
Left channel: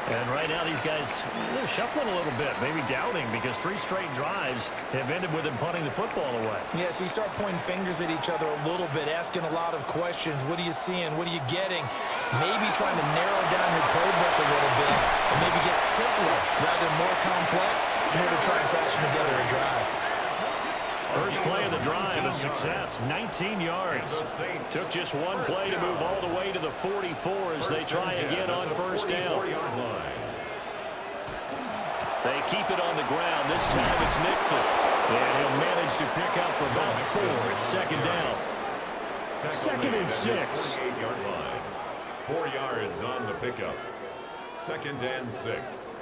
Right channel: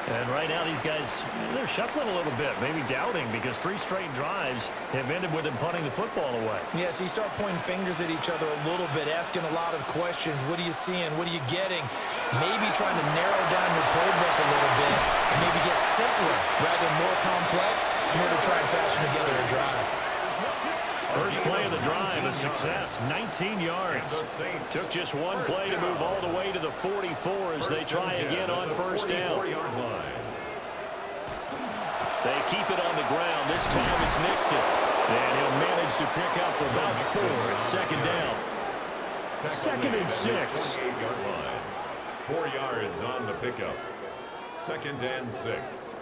And right now these guys, they're shuffling a little bit, maybe doubting, because 3 straight drives have ended with them punting the football away. Yeah, so you start pointing fingers at each other a little bit, asking a lot of questions. What are you seeing? What are you getting? Maybe trying to narrow down your playbook a little bit and maybe get simpler rather than more complex in order to try and fashion together a drive. First play of the drive, a success, 19 yards. Took just one play to move all the way to the 44 as they try again on first down. They keep it on the ground. This time it's Mixon. And he'll manage to pick up about 4 at second down. Second and 6. 4 yards on the pickup. Second and 6.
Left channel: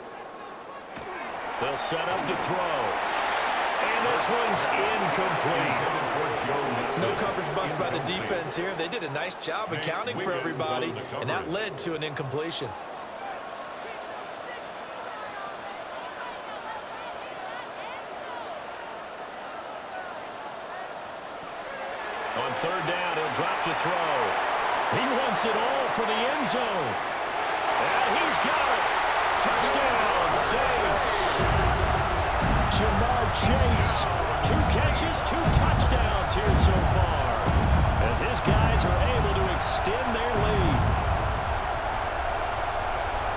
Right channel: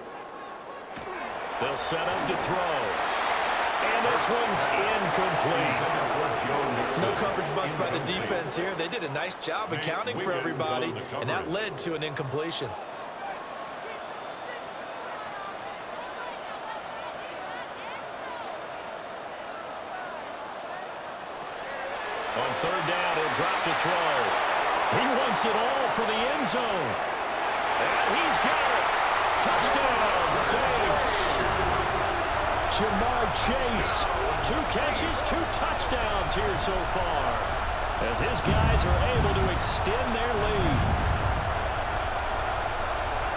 They'll set up to throw. And this one's incomplete. No coverage bust by the defense here. They did a nice job accounting for everybody, and that led to an incompletion. On third down, he'll drop to throw. He wants it all for the end zone. And he's got it. Touchdown, Saints. Ja'Marr Chase. 2 catches, 2 touchdowns here so far, as his guys are able to extend their lead.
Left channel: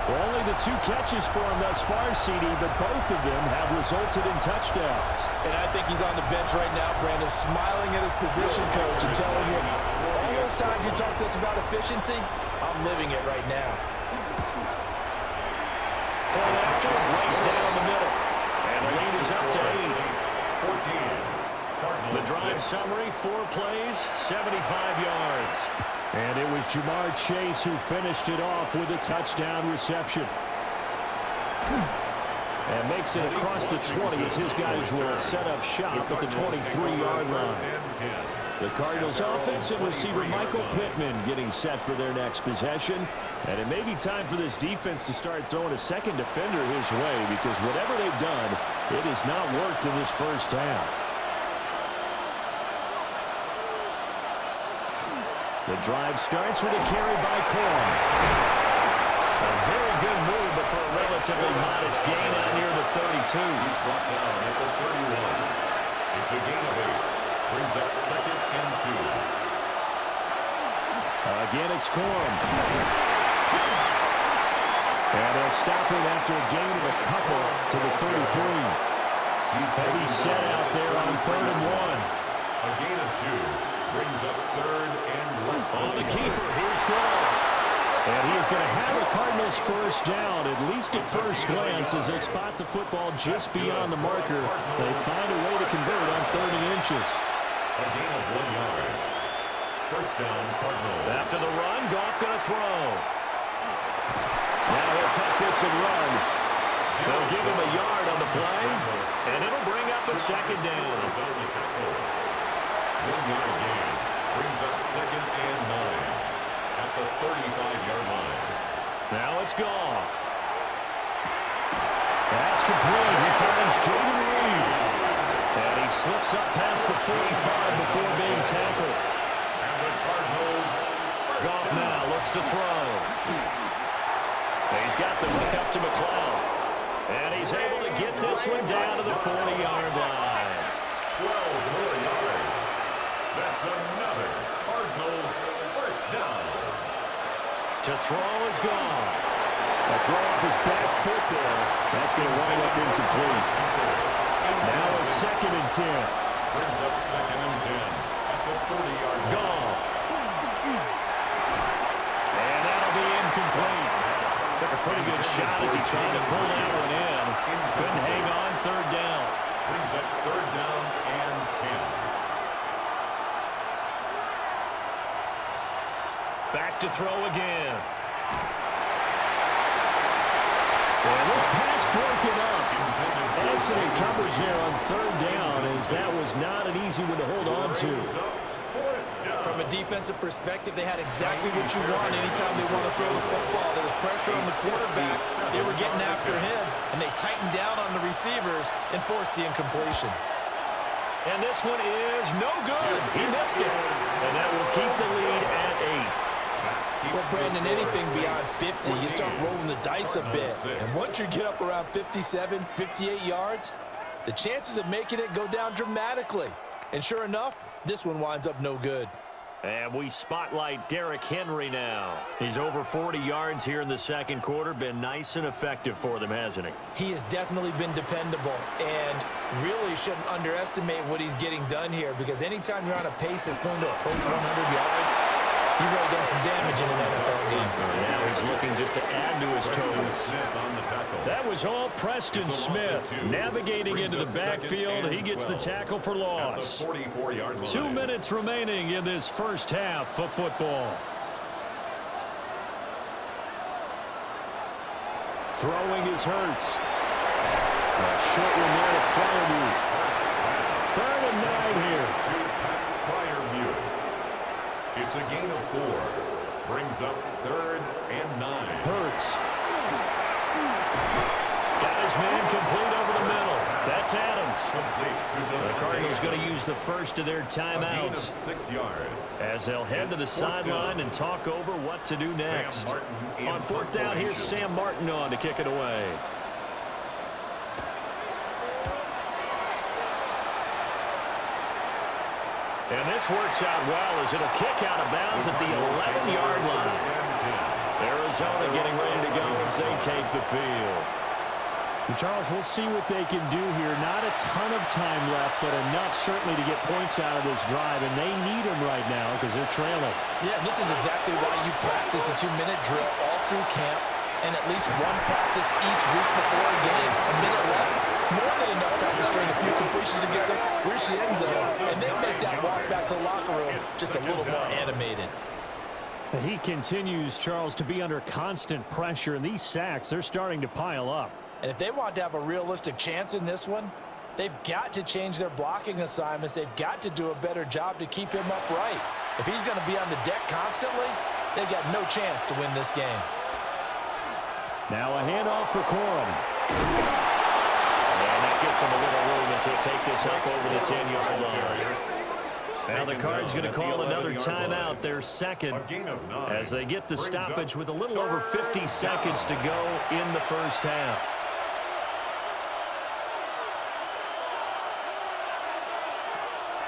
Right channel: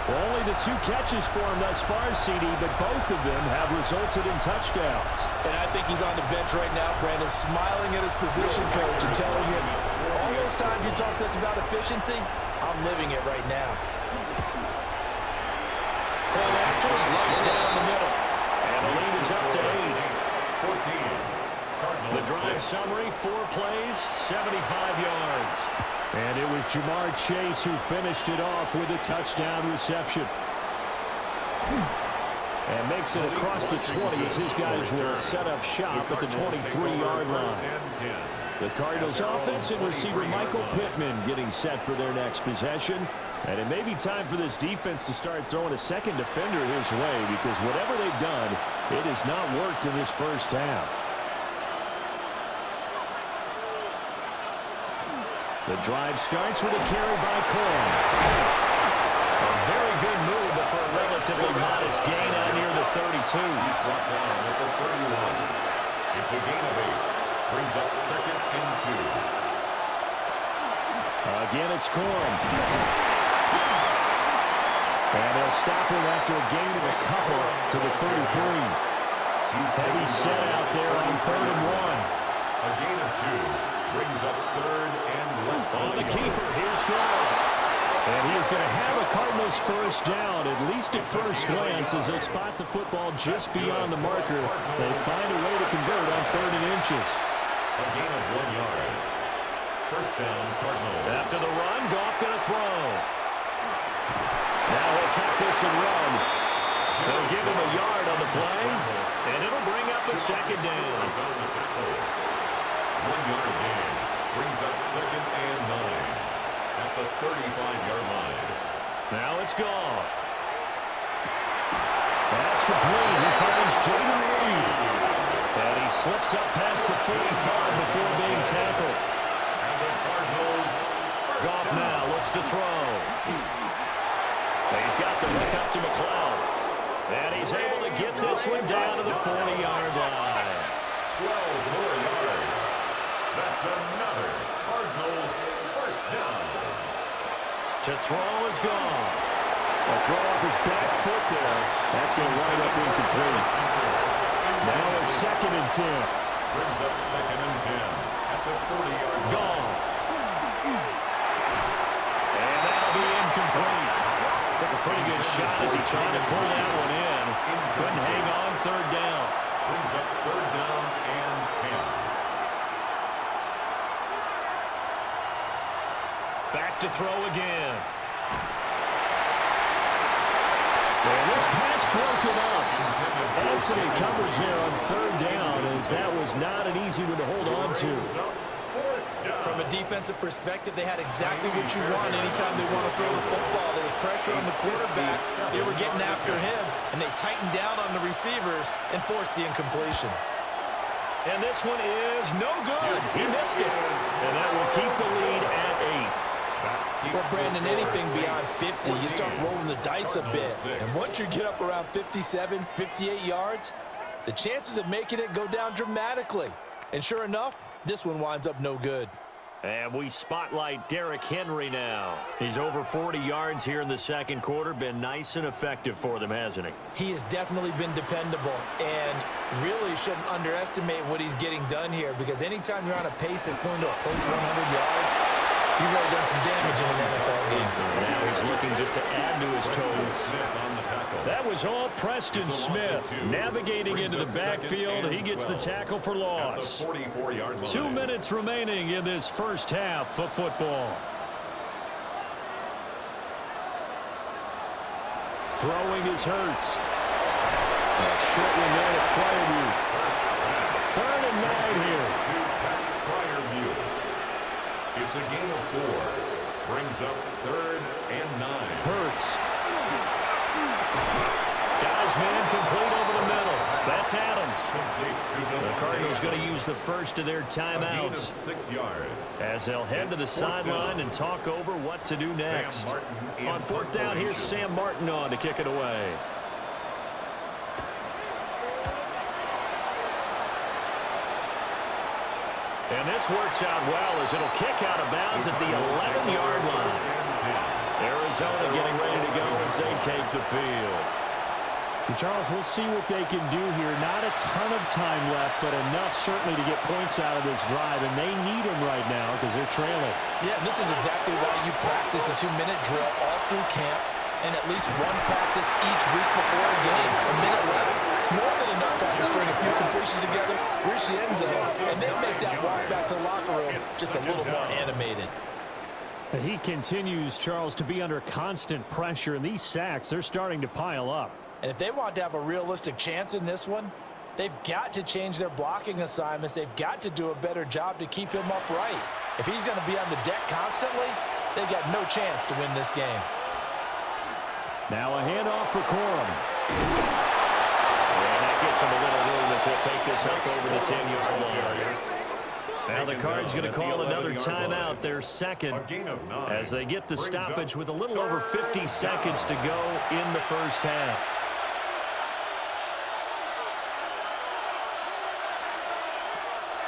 Well, only the 2 catches for him thus far, CD, but both of them have resulted in touchdowns. And I think he's on the bench right now, Brandon, smiling at his position coach and telling him, all those times you talk to us about efficiency, I'm living it right now. Pull after, right down the middle. And the lead is up to 8. 14. The drive summary, 4 plays, 75 yards. And it was Ja'Marr Chase who finished it off with a touchdown reception. And makes it across the 20 as his guys will set up shop at the 23-yard line. The Cardinals offense and receiver Michael Pittman getting set for their next possession. And it may be time for this defense to start throwing a second defender his way, because whatever they've done, it has not worked in this first half. The drive starts with a carry by Corum. A very good move, but for a relatively modest gain out near the 32. He's brought down at the 31. It's a gain of 8. Brings up second and 2. Again, it's Corum. And they'll stop him after a gain of a couple to the 33. Heavy set out there on 3rd and 1. A gain of 2. Brings up 3rd and less. On the keeper, here's Goff. And he is going to have a Cardinals first down, at least at first glance, as they spot the football just beyond the marker. They find a way to convert on 30 inches. A gain of 1 yard. First down, Cardinals. After the run, Goff going to throw. Now he'll tuck this and run. They'll give him a yard on the play, and it'll bring up a second down. 1 yard gain. Brings up second and 9 at the 35-yard line. Now it's Goff. That's complete. He finds Jaden Reed. And he slips up past the 45 before being tackled. And the Cardinals. Goff now looks to throw. He's got the hook up to McLeod. And he's able to get this one down to the 40-yard line. 12 more yards. That's another Cardinals first down. To throw is Goff. A throw off his back foot there. That's going to wind up incomplete. Now it's second and 10. Brings up second and 10 at the 40-yard line. Goff. And that'll be incomplete. Took a pretty good shot as he tried to pull that one in. Couldn't hang on, 3rd down. Brings up 3rd down and 10. Back to throw again. And this pass broken up. Excellent coverage there on 3rd down, as that was not an easy one to hold on to. From a defensive perspective, they had exactly what you want anytime they want to throw the football. There was pressure on the quarterback. They were getting after him, and they tightened down on the receivers and forced the incompletion. And this one is no good. He missed it. And that will keep the lead at 8. Well, Brandon, anything beyond 50, you start rolling the dice a bit. And once you get up around 57, 58 yards, the chances of making it go down dramatically. And sure enough, this one winds up no good. And we spotlight Derrick Henry now. He's over 40 yards here in the second quarter. Been nice and effective for them, hasn't he? He has definitely been dependable, and really shouldn't underestimate what he's getting done here, because anytime you're on a pace that's going to approach 100 yards, you've really done some damage in an NFL game. Now he's looking just to add to his totals. That was all Preston Smith. Navigating into the backfield, he gets the tackle for loss. 2 minutes remaining in this first half of football. Throwing is Hurts. A short one there to Freiermuth. 3rd and 9 here. It's a gain of 4. Brings up 3rd and 9. Hurts. Got his man complete over the middle. That's Adams. The Cardinals going to use the first of their timeouts 6 yards. as they'll head to the sideline and talk over what to do next. On 4th down, here's Sam Martin on to kick it away. And this works out well as it'll kick out of bounds at the 11-yard line. Arizona getting ready to go as they take the field. And Charles, we'll see what they can do here. Not a ton of time left, but enough certainly to get points out of this drive, and they need them right now because they're trailing. Yeah, this is exactly why you practice a 2-minute drill all through camp and at least one practice each week before a game. A minute left, more than enough time to string a few completions together, reach the end zone, and then make that walk back to the locker room just a little more animated. He continues, Charles, to be under constant pressure, and these sacks, they're starting to pile up. And if they want to have a realistic chance in this one, they've got to change their blocking assignments. They've got to do a better job to keep him upright. If he's going to be on the deck constantly, they've got no chance to win this game. Now a handoff for Corum. And that gets him a little room as he'll take this up over the 10-yard line. Now the Cards going to call another timeout, their second, as they get the stoppage with a little over 50 seconds to go in the first half.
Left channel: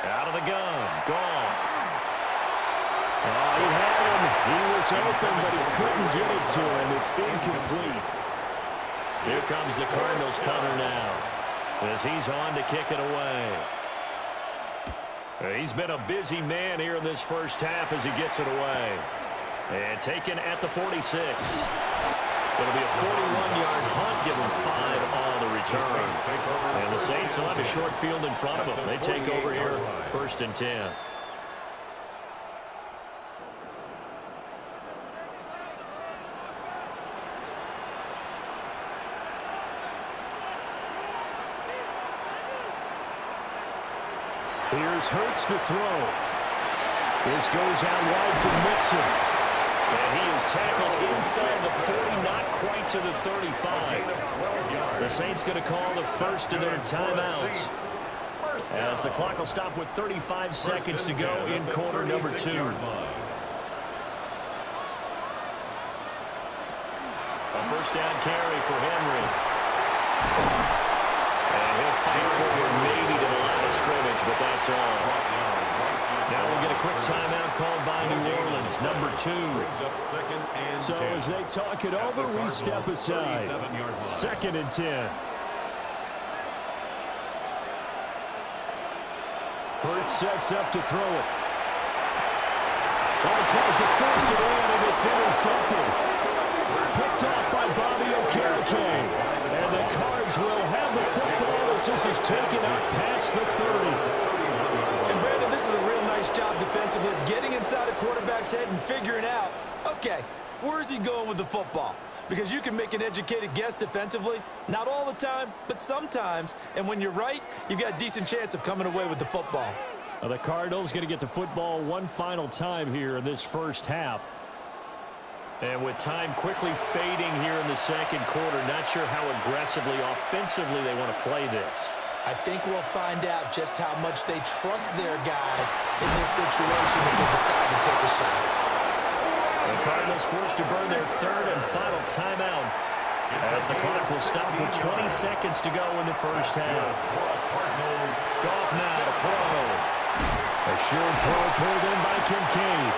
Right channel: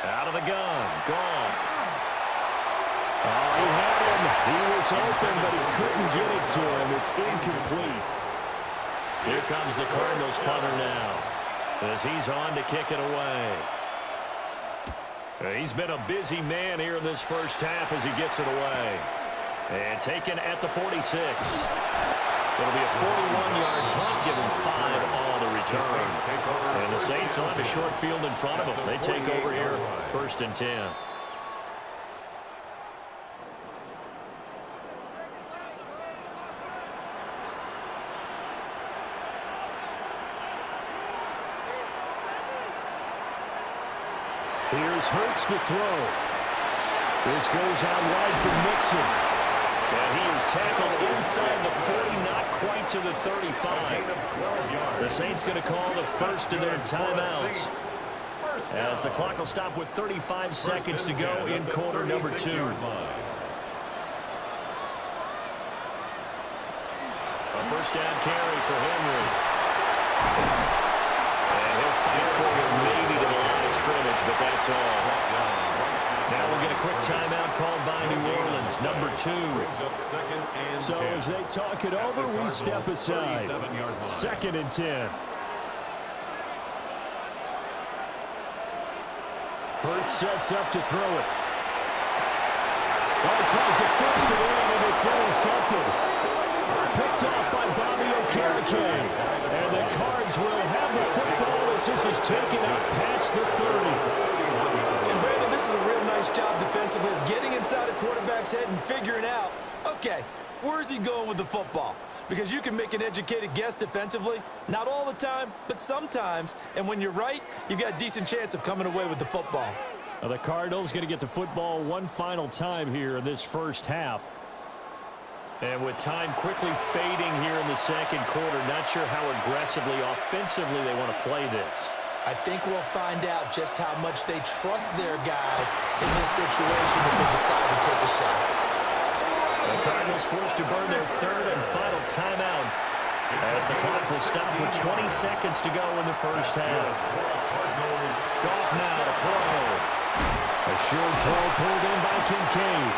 Out of the gun, gone. Oh, he had him. He was open, but he couldn't get it to him. It's incomplete. Here comes the Cardinals punter now, as he's on to kick it away. He's been a busy man here in this first half as he gets it away. And taken at the 46. It'll be a 41-yard punt, give him 5 on the return. And the Saints will have a short field in front of them. They take over here, 1st and 10. Here's Hurts to throw. This goes out wide for Mixon. And he is tackled inside the 40, not quite to the 35. The Saints going to call the first of their timeouts, as the clock will stop with 35 seconds to go in quarter number 2. A first down carry for Henry. And he'll fight forward maybe to the line of scrimmage, but that's all. Now we'll get a quick timeout called by New Orleans, number 2. So as they talk it over, we step aside. 2nd and 10. Hurts sets up to throw it. Oh, tries to force it in, and it's intercepted. Picked off by Bobby Okereke. And the Cards will have the football as this is taken up past the 30. And Brandon, this is a real nice job defensively of getting inside a quarterback's head and figuring out, okay, where's he going with the football? Because you can make an educated guess defensively, not all the time, but sometimes. And when you're right, you've got a decent chance of coming away with the football. Now the Cardinals going to get the football one final time here in this first half. And with time quickly fading here in the second quarter, not sure how aggressively, offensively they want to play this. I think we'll find out just how much they trust their guys in this situation if they decide to take a shot. The Cardinals forced to burn their third and final timeout as the clock will stop with 20 seconds to go in the first half. Goff now to throw. A short throw pulled in by Kincaid.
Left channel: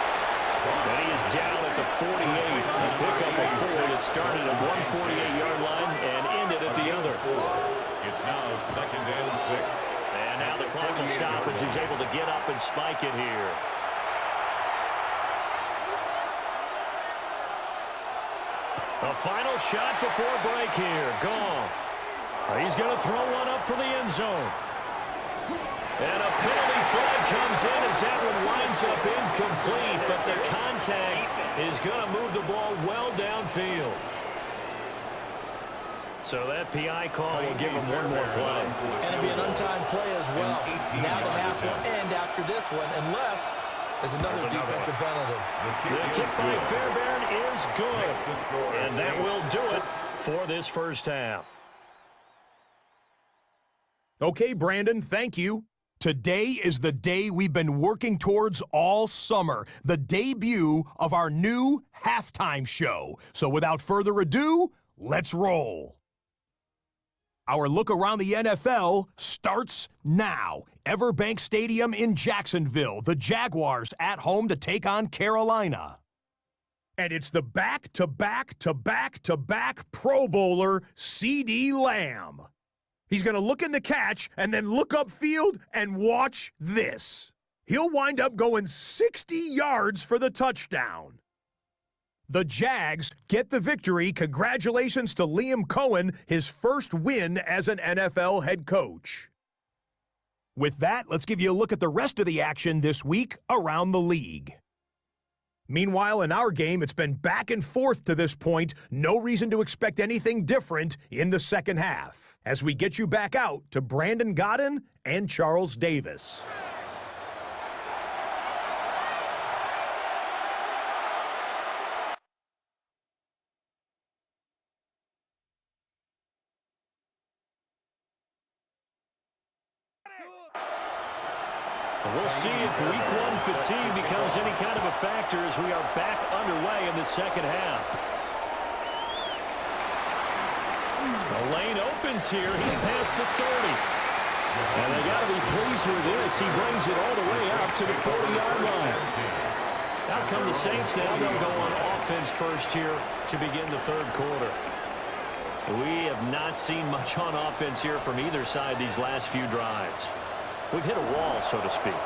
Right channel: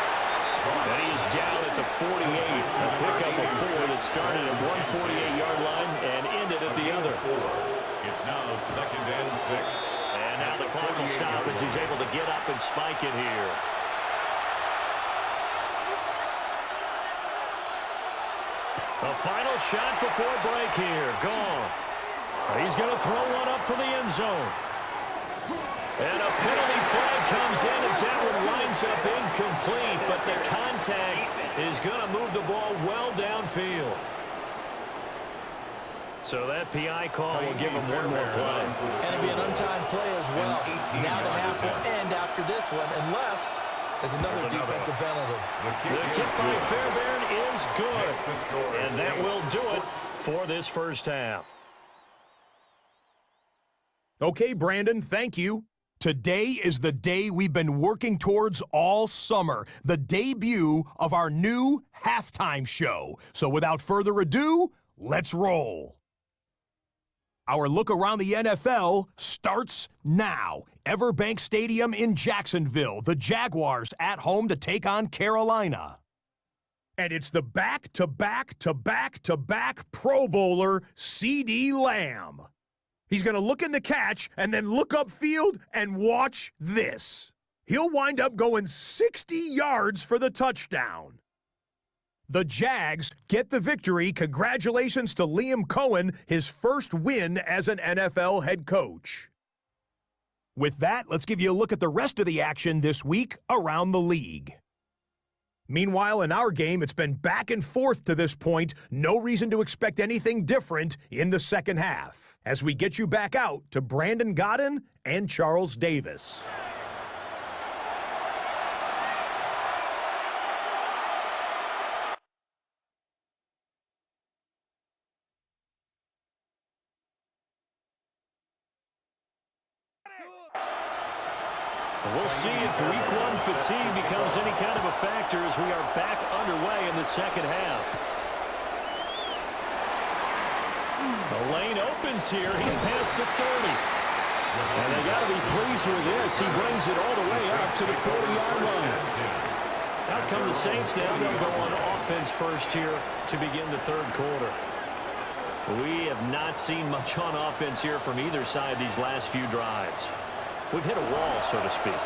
And he is down at the 48. A pickup of 4 that started at one 48-yard line and ended at the other. It's now 2nd and 6. And now the clock will stop as he's able to get up and spike it here. A final shot before break here. Goff. He's going to throw one up for the end zone. And a penalty flag comes in as that one winds up incomplete, but the contact is going to move the ball well downfield. So that PI call will give him one more play. And it'll be an untimed play as well. Now the half will end after this one, unless there's another defensive penalty. The kick by Fairbairn is good. And that will do it for this first half. Okay, Brandon, thank you. Today is the day we've been working towards all summer, the debut of our new halftime show. So without further ado, let's roll. Our look around the NFL starts now. Everbank Stadium in Jacksonville, the Jaguars at home to take on Carolina. And it's the back-to-back Pro Bowler, CeeDee Lamb. He's going to look in the catch and then look upfield and watch this. He'll wind up going 60 yards for the touchdown. The Jags get the victory. Congratulations to Liam Cohen, his first win as an NFL head coach. With that, let's give you a look at the rest of the action this week around the league. Meanwhile, in our game, it's been back and forth to this point. No reason to expect anything different in the second half, as we get you back out to Brandon Godden and Charles Davis. We'll see if week one fatigue becomes any kind of a factor as we are back underway in the second half. The lane opens here. He's past the 30. And they got to be pleased with this. He brings it all the way up to the 40-yard line. Out come the Saints now. They'll go on offense first here to begin the third quarter. We have not seen much on offense here from either side these last few drives. We've hit a wall, so to speak.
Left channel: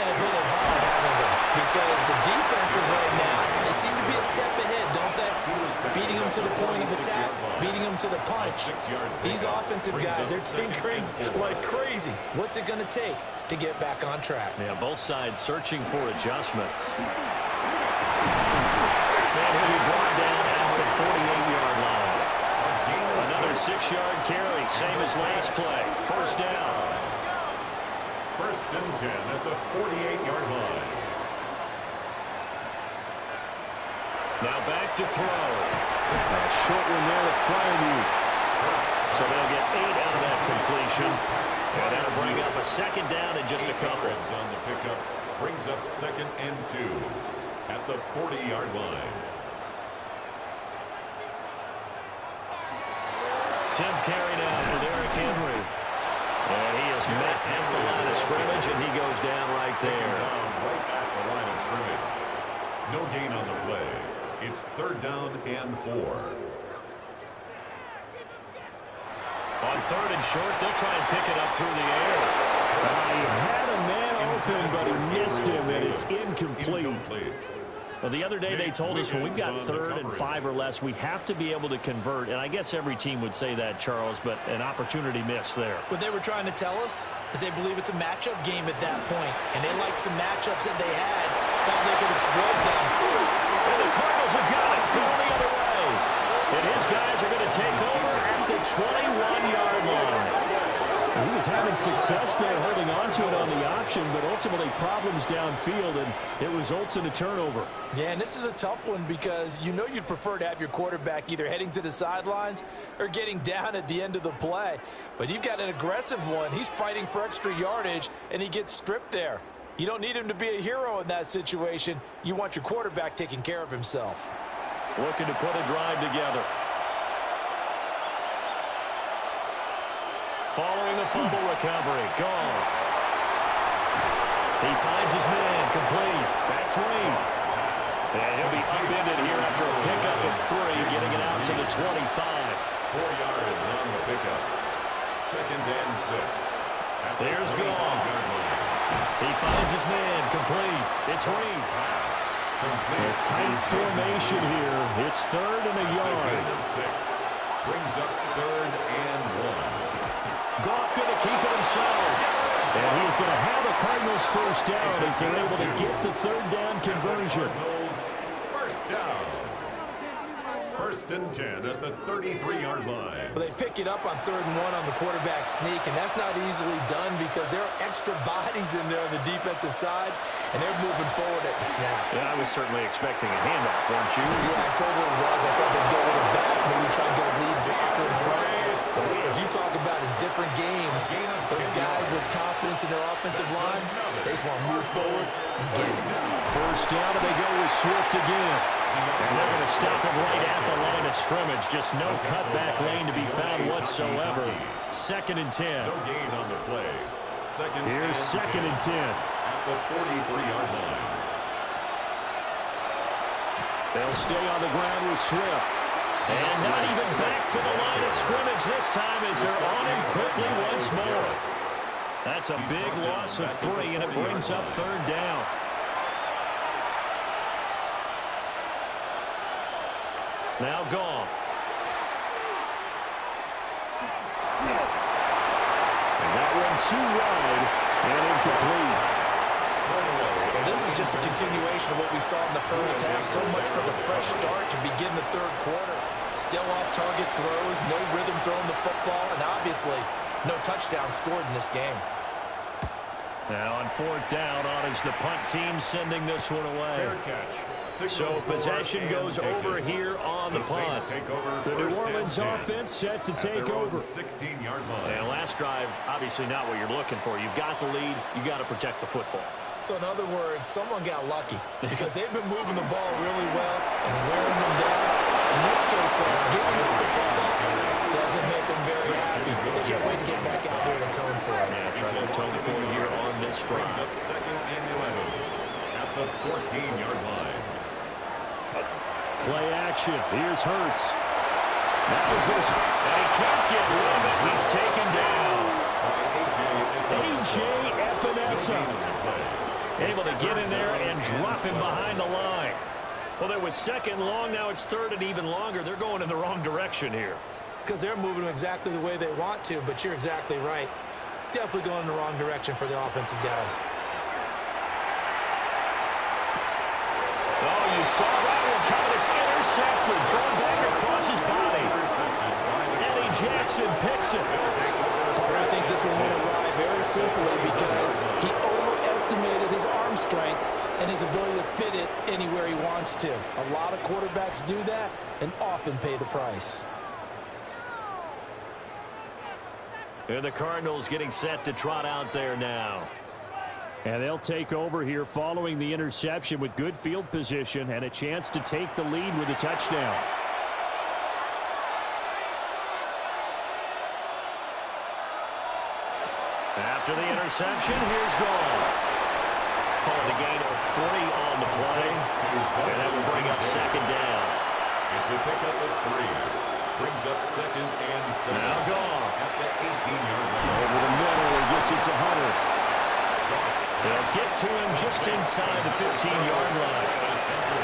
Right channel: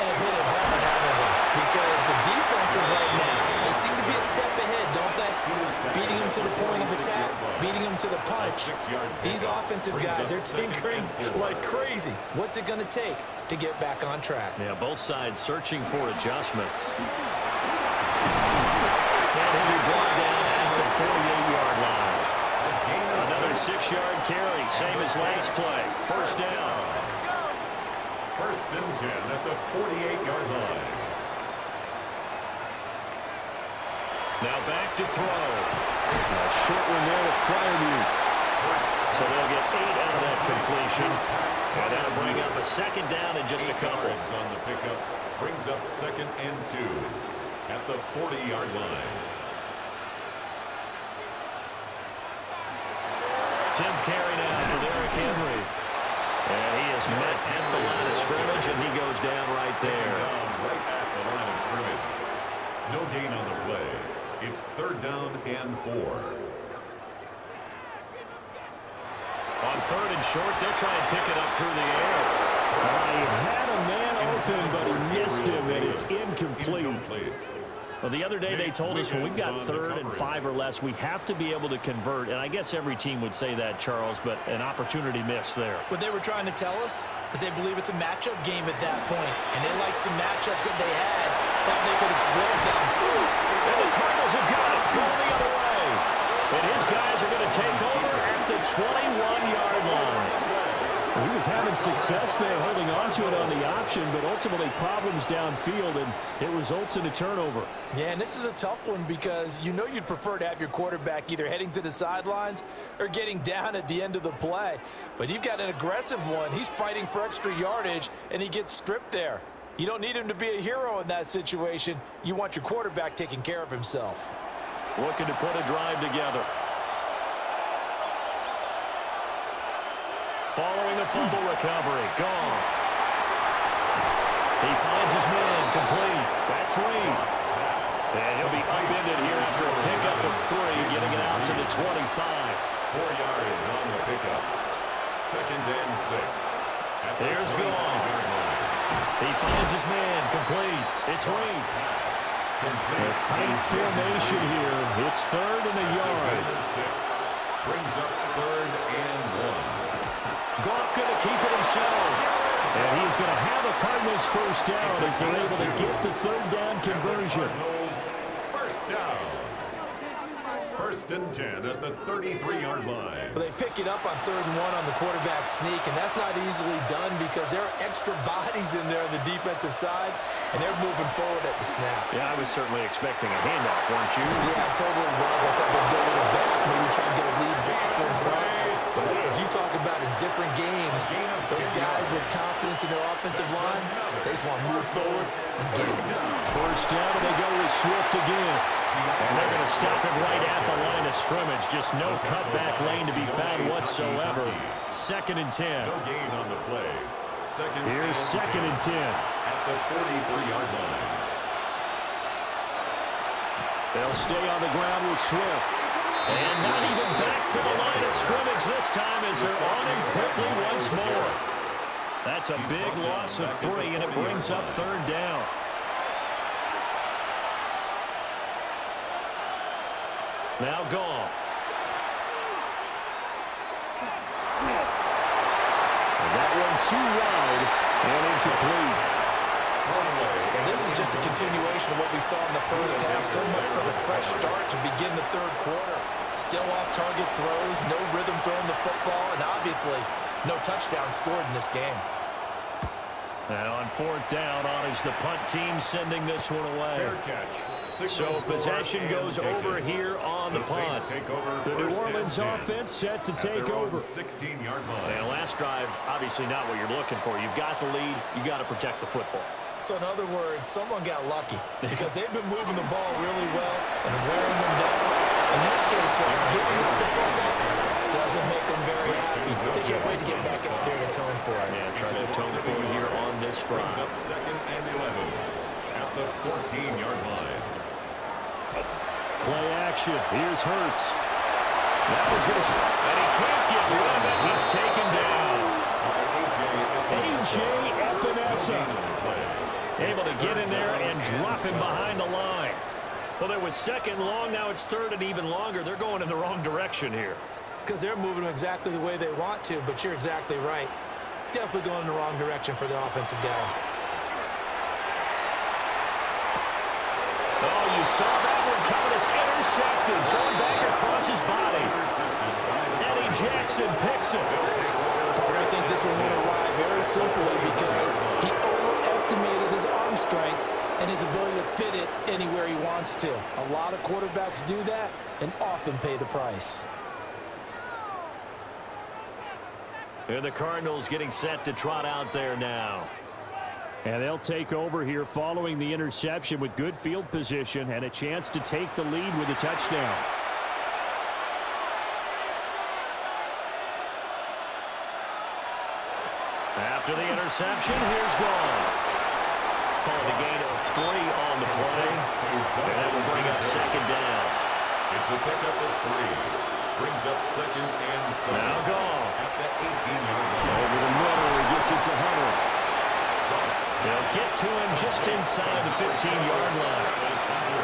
And have hit it hard, haven't we? Because the defenses right now, they seem to be a step ahead, don't they? Beating them to the point of attack, beating them to the punch. These offensive guys, they're tinkering like crazy. What's it going to take to get back on track? Yeah, both sides searching for adjustments. And he'll be brought down at the 48-yard line. Another 6-yard carry, same as last play. First down. First and 10 at the 48-yard line. Now back to throw. A short one there to Freiermuth. So they'll get 8 out of that completion. And that'll bring up a second down in just a couple. On the pickup brings up 2nd and 2 at the 40-yard line. 10th carry now for Derrick Henry. And he is met at the line of scrimmage, and he goes down right there. Right at the line of scrimmage. No gain on the play. It's 3rd down and 4. On 3rd and short, they'll try and pick it up through the air. He had a man open, but he missed him, and it's incomplete. Well, the other day they told us when we've got 3rd and 5 or less, we have to be able to convert. And I guess every team would say that, Charles, but an opportunity missed there. What they were trying to tell us is they believe it's a matchup game at that point. And they liked some matchups that they had, thought they could exploit them. And the Cardinals have got it, going the other way. And his guys are going to take over at the 21-yard line. He was having success there holding on to it on the option, but ultimately problems downfield, and it results in a turnover. Yeah, and this is a tough one because you know you'd prefer to have your quarterback either heading to the sidelines or getting down at the end of the play. But you've got an aggressive one. He's fighting for extra yardage, and he gets stripped there. You don't need him to be a hero in that situation. You want your quarterback taking care of himself. Looking to put a drive together. Following the fumble recovery, Goff. He finds his man, complete. That's Reed. And he'll be upended here after a pickup of 3, getting it out to the 25. 4 yards on the pickup. 2nd and 6. There's Goff. He finds his man, complete. It's Reed. A tight formation here. It's 3rd and a yard. 6. Brings up 3rd and 1. Goff going to keep it himself. And he's going to have a Cardinals first down as they're able to get the 3rd down conversion. Cardinals first down. 1st and 10 at the 33-yard line. Well, they pick it up on 3rd and 1 on the quarterback sneak, and that's not easily done because there are extra bodies in there on the defensive side, and they're moving forward at the snap. Yeah, I was certainly expecting a handoff, weren't you? Yeah, I totally was. I thought they'd go with it back, maybe try and get a lead blocker in front. But as you talk about in different games, those guys with confidence in their offensive line, they just want to move forward and get it. First down, and they go with Swift again. And they're going to stop him right at the line of scrimmage. Just no cutback lane to be found whatsoever. 2nd and 10. No gain on the play. Here's 2nd and 10. At the 43-yard line. They'll stay on the ground with Swift. And not even back to the line of scrimmage this time as they're on him quickly once more. That's a big loss of 3, and it brings up 3rd down. Now Goff. And that one too wide and incomplete. Well, this is just a continuation of what we saw in the first half. So much for the fresh start to begin the 3rd quarter. Still off-target throws, no rhythm throwing the football, and obviously no touchdown scored in this game. Now on 4th down, on is the punt team sending this one away. Fair catch. So possession goes over here on the punt. The New Orleans offense set to take over. 16-yard line. And last drive, obviously not what you're looking for. You've got the lead. You got to protect the football. So in other words, someone got lucky because they've been moving the ball really well and wearing them down. In this case, though, giving up the football doesn't make them very happy. They can't wait to get back out there and atone for it. Yeah, try to atone for it here on this drive. Brings up 2nd and 11 at the 14-yard line. Play action. Here's Hurts. That was his, and he can't get rid of it. He's taken down. A.J. Epinesa. Able to get in there and drop him behind the line. Well, there was 2nd long. Now it's 3rd and even longer. They're going in the wrong direction here. Because they're moving them exactly the way they want to, but you're exactly right. Definitely going in the wrong direction for the offensive guys. Oh, you saw that one coming. It's intercepted. Thrown back across his body. Eddie Jaxon picks it. I think this will win a ride very simply because he overestimated his arm strength and his ability to fit it anywhere he wants to. A lot of quarterbacks do that and often pay the price. And the Cardinals getting set to trot out there now. And they'll take over here following the interception with good field position and a chance to take the lead with a touchdown. After the interception, here's Goff. Calling a gain of 3 on the play. And that will bring up 2nd down. It's a pickup of 3. Brings up 2nd and 7. Now Goff. At the 18-yard line. Over the middle, he gets it to Hunter. They'll get to him just inside the 15-yard line.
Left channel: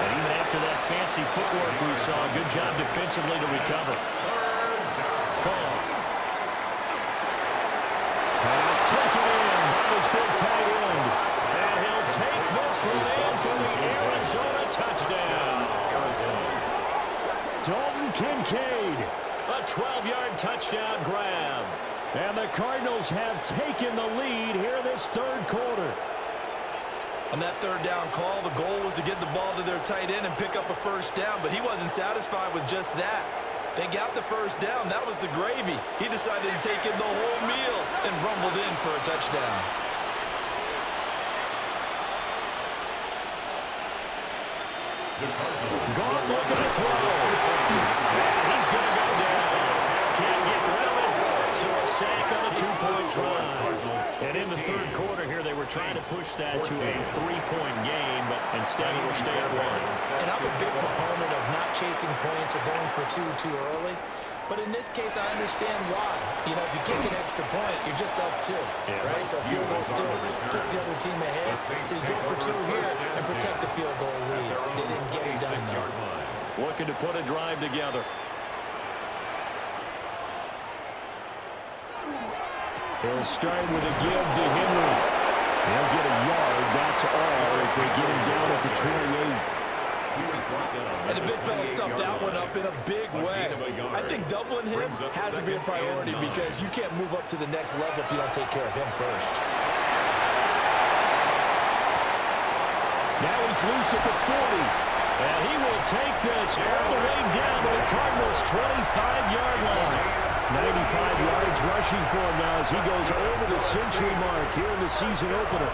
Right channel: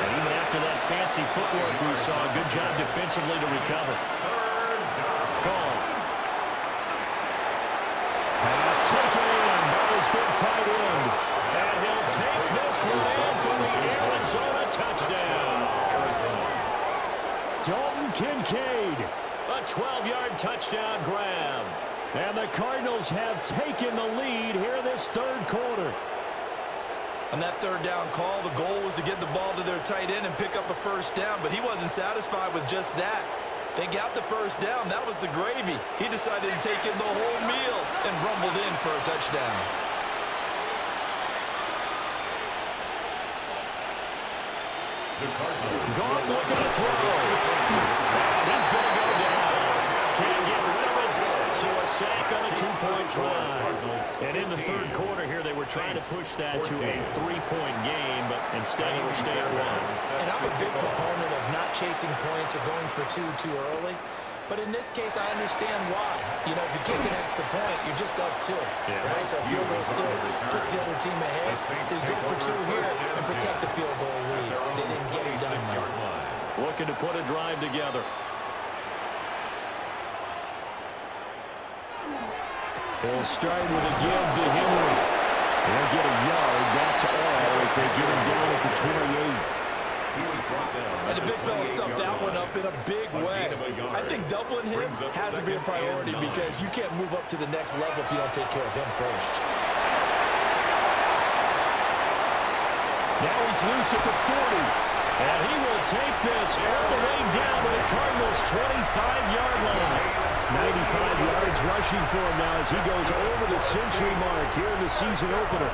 And even after that fancy footwork we saw, good job defensively to recover. Goff. Pass taken in by his big tight end. And he'll take this one in for the Arizona touchdown. Dalton Kincaid. A 12-yard touchdown grab. And the Cardinals have taken the lead here in this 3rd quarter. On that 3rd down call, the goal was to get the ball to their tight end and pick up a first down, but he wasn't satisfied with just that. They got the first down. That was the gravy. He decided to take in the whole meal and rumbled in for a touchdown. Goff looking to throw. And he's going to go down. Can't get rid of it. So a sack on a 2-point try. And in the third quarter here, they were trying to push that to a 3-point game, but instead it will stay at 1. And I'm a big proponent of not chasing points or going for two too early. But in this case, I understand why. You know, if you kick an extra point, you're just up 2, right? So field goal still puts the other team ahead. So you go for 2 here and protect the field goal lead. They didn't get it done, though. Looking to put a drive together. They'll start with a give to Henry. They'll get a yard, that's all, as they get him down at the 28. And the big fella stuffed that one up in a big way. I think doubling him has to be a priority because you can't move up to the next level if you don't take care of him first. Now he's loose at the 40. And he will take this all the way down to the Cardinals' 25-yard line. 95 yards rushing for him now as he goes over the century mark here in the season opener.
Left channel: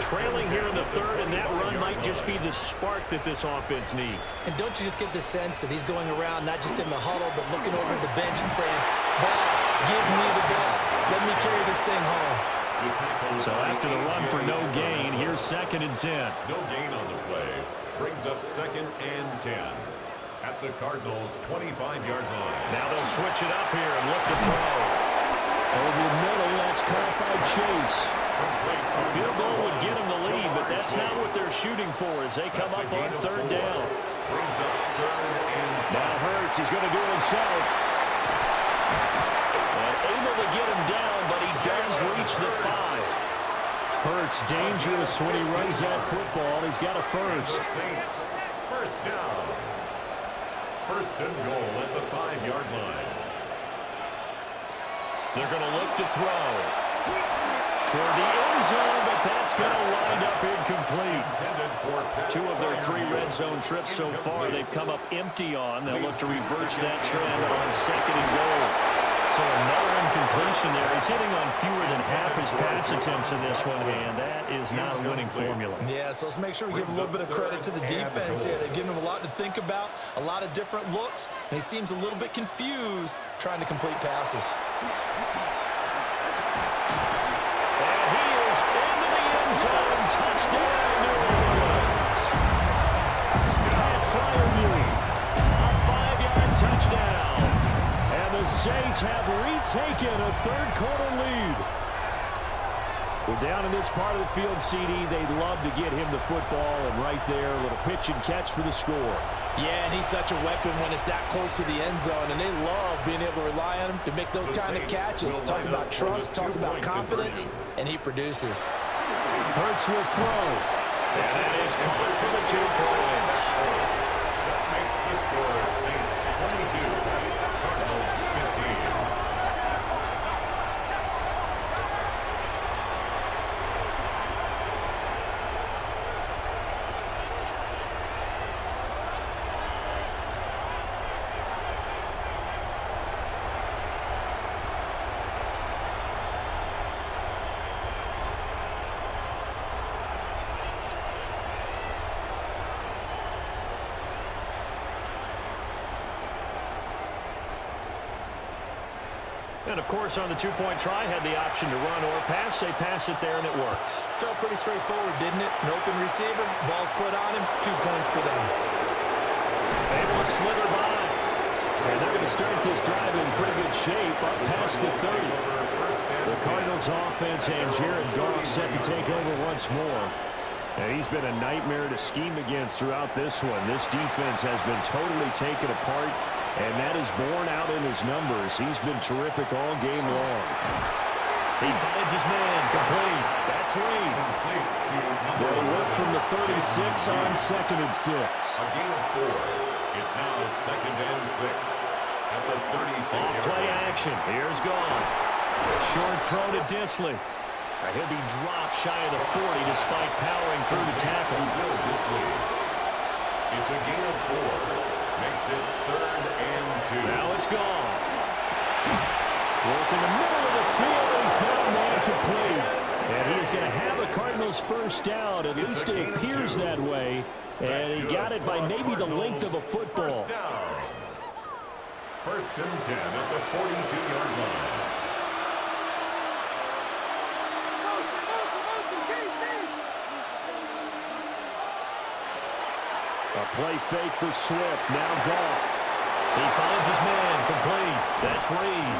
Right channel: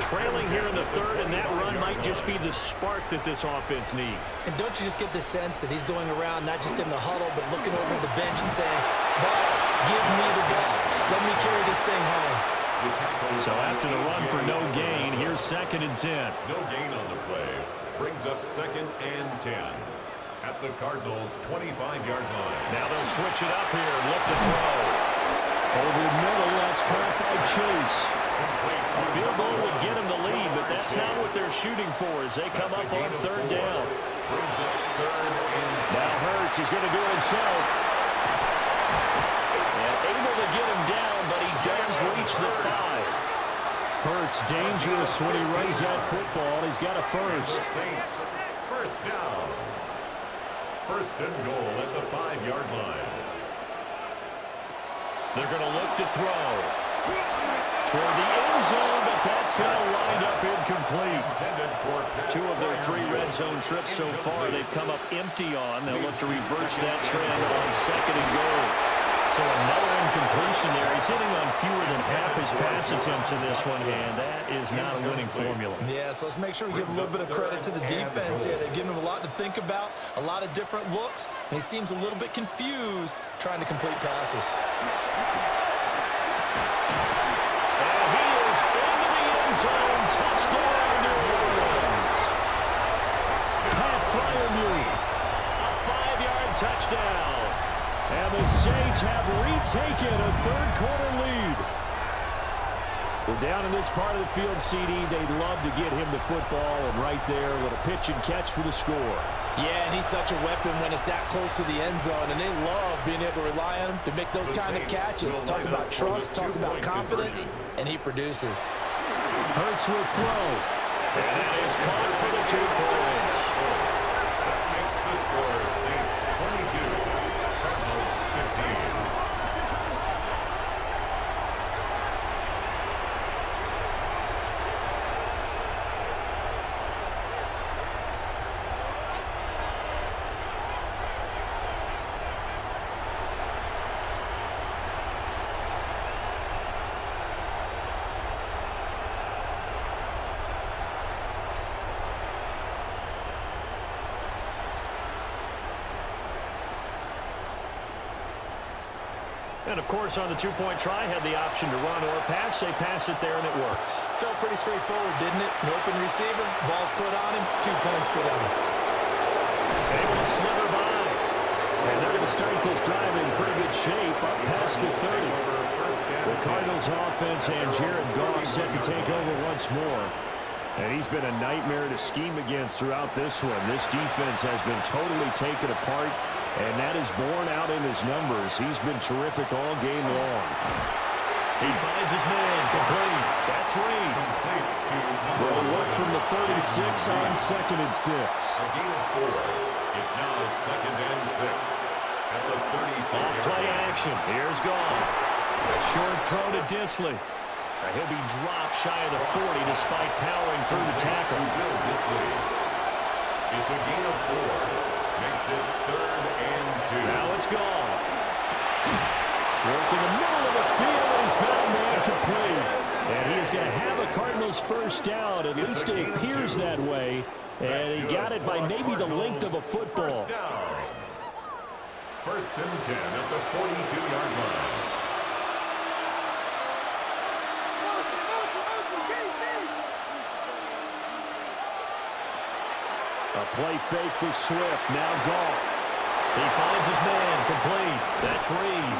Trailing here in the third, and that run might just be the spark that this offense needs. And don't you just get the sense that he's going around, not just in the huddle, but looking over at the bench and saying, ball, give me the ball. Let me carry this thing home. So after the run for no gain, here's 2nd and 10. No gain on the play. Brings up 2nd and 10 at the Cardinals' 25-yard line. Now they'll switch it up here and look to throw. Over the middle, that's caught by Chase. A field goal would get him the lead, but that's not what they're shooting for as they come up on 3rd down. Brings up 3rd and 5. Now Hurts, he's going to do it himself. And able to get him down, but he does reach the 5. Hurts dangerous when he runs that football. He's got a first. Saints, first down. 1st and goal at the 5-yard line. They're going to look to throw toward the end zone, but that's going to wind up incomplete. 2 of their 3 red zone trips so far they've come up empty on. They'll look to reverse that trend on 2nd and goal. So another incompletion there. He's hitting on fewer than half his pass attempts in this one, and that is not a winning formula. Yeah, so let's make sure we give a little bit of credit to the defense here. They've given him a lot to think about, a lot of different looks, and he seems a little bit confused trying to complete passes. And he is into the end zone. Touchdown, New Orleans. Pat Freiermuth. A 5-yard touchdown. And the Saints have retaken a 3rd quarter lead. Well, down in this part of the field, CD, they'd love to get him the football, and right there, a little pitch and catch for the score. Yeah, and he's such a weapon when it's that close to the end zone, and they love being able to rely on him to make those kind of catches. Talk about trust, talk about confidence, and he produces. Hurts will throw. And that is caught for the 2 points. That makes the score Saints 22, Cardinals 15. And, of course, on the 2-point try, had the option to run or pass. They pass it there, and it works. Felt pretty straightforward, didn't it? An open receiver, ball's put on him, 2 points for them. Able to slither by. And they're going to start this drive in pretty good shape, up past the 30. The Cardinals offense and Jared Goff set to take over once more. And he's been a nightmare to scheme against throughout this one. This defense has been totally taken apart, and that is borne out in his numbers. He's been terrific all game long. He finds his man, complete. That's Reed. They'll work from the 36 on 2nd and 6. A gain of 4. It's now 2nd and 6 at the 36-yard line. Off-play action. Here's Goff. Short throw to Disley. He'll be dropped shy of the 40 despite powering through the tackle. It's a gain of 4. Makes it 3rd and 2. Now it's Goff. Working the middle of the field, and he's got a man complete. And he is going to have a Cardinals first down. At least it appears that way. And he got it by maybe the length of a football. First and 10 at the 42-yard line. A play fake for Swift. Now Goff. He finds his man complete. That's Reed.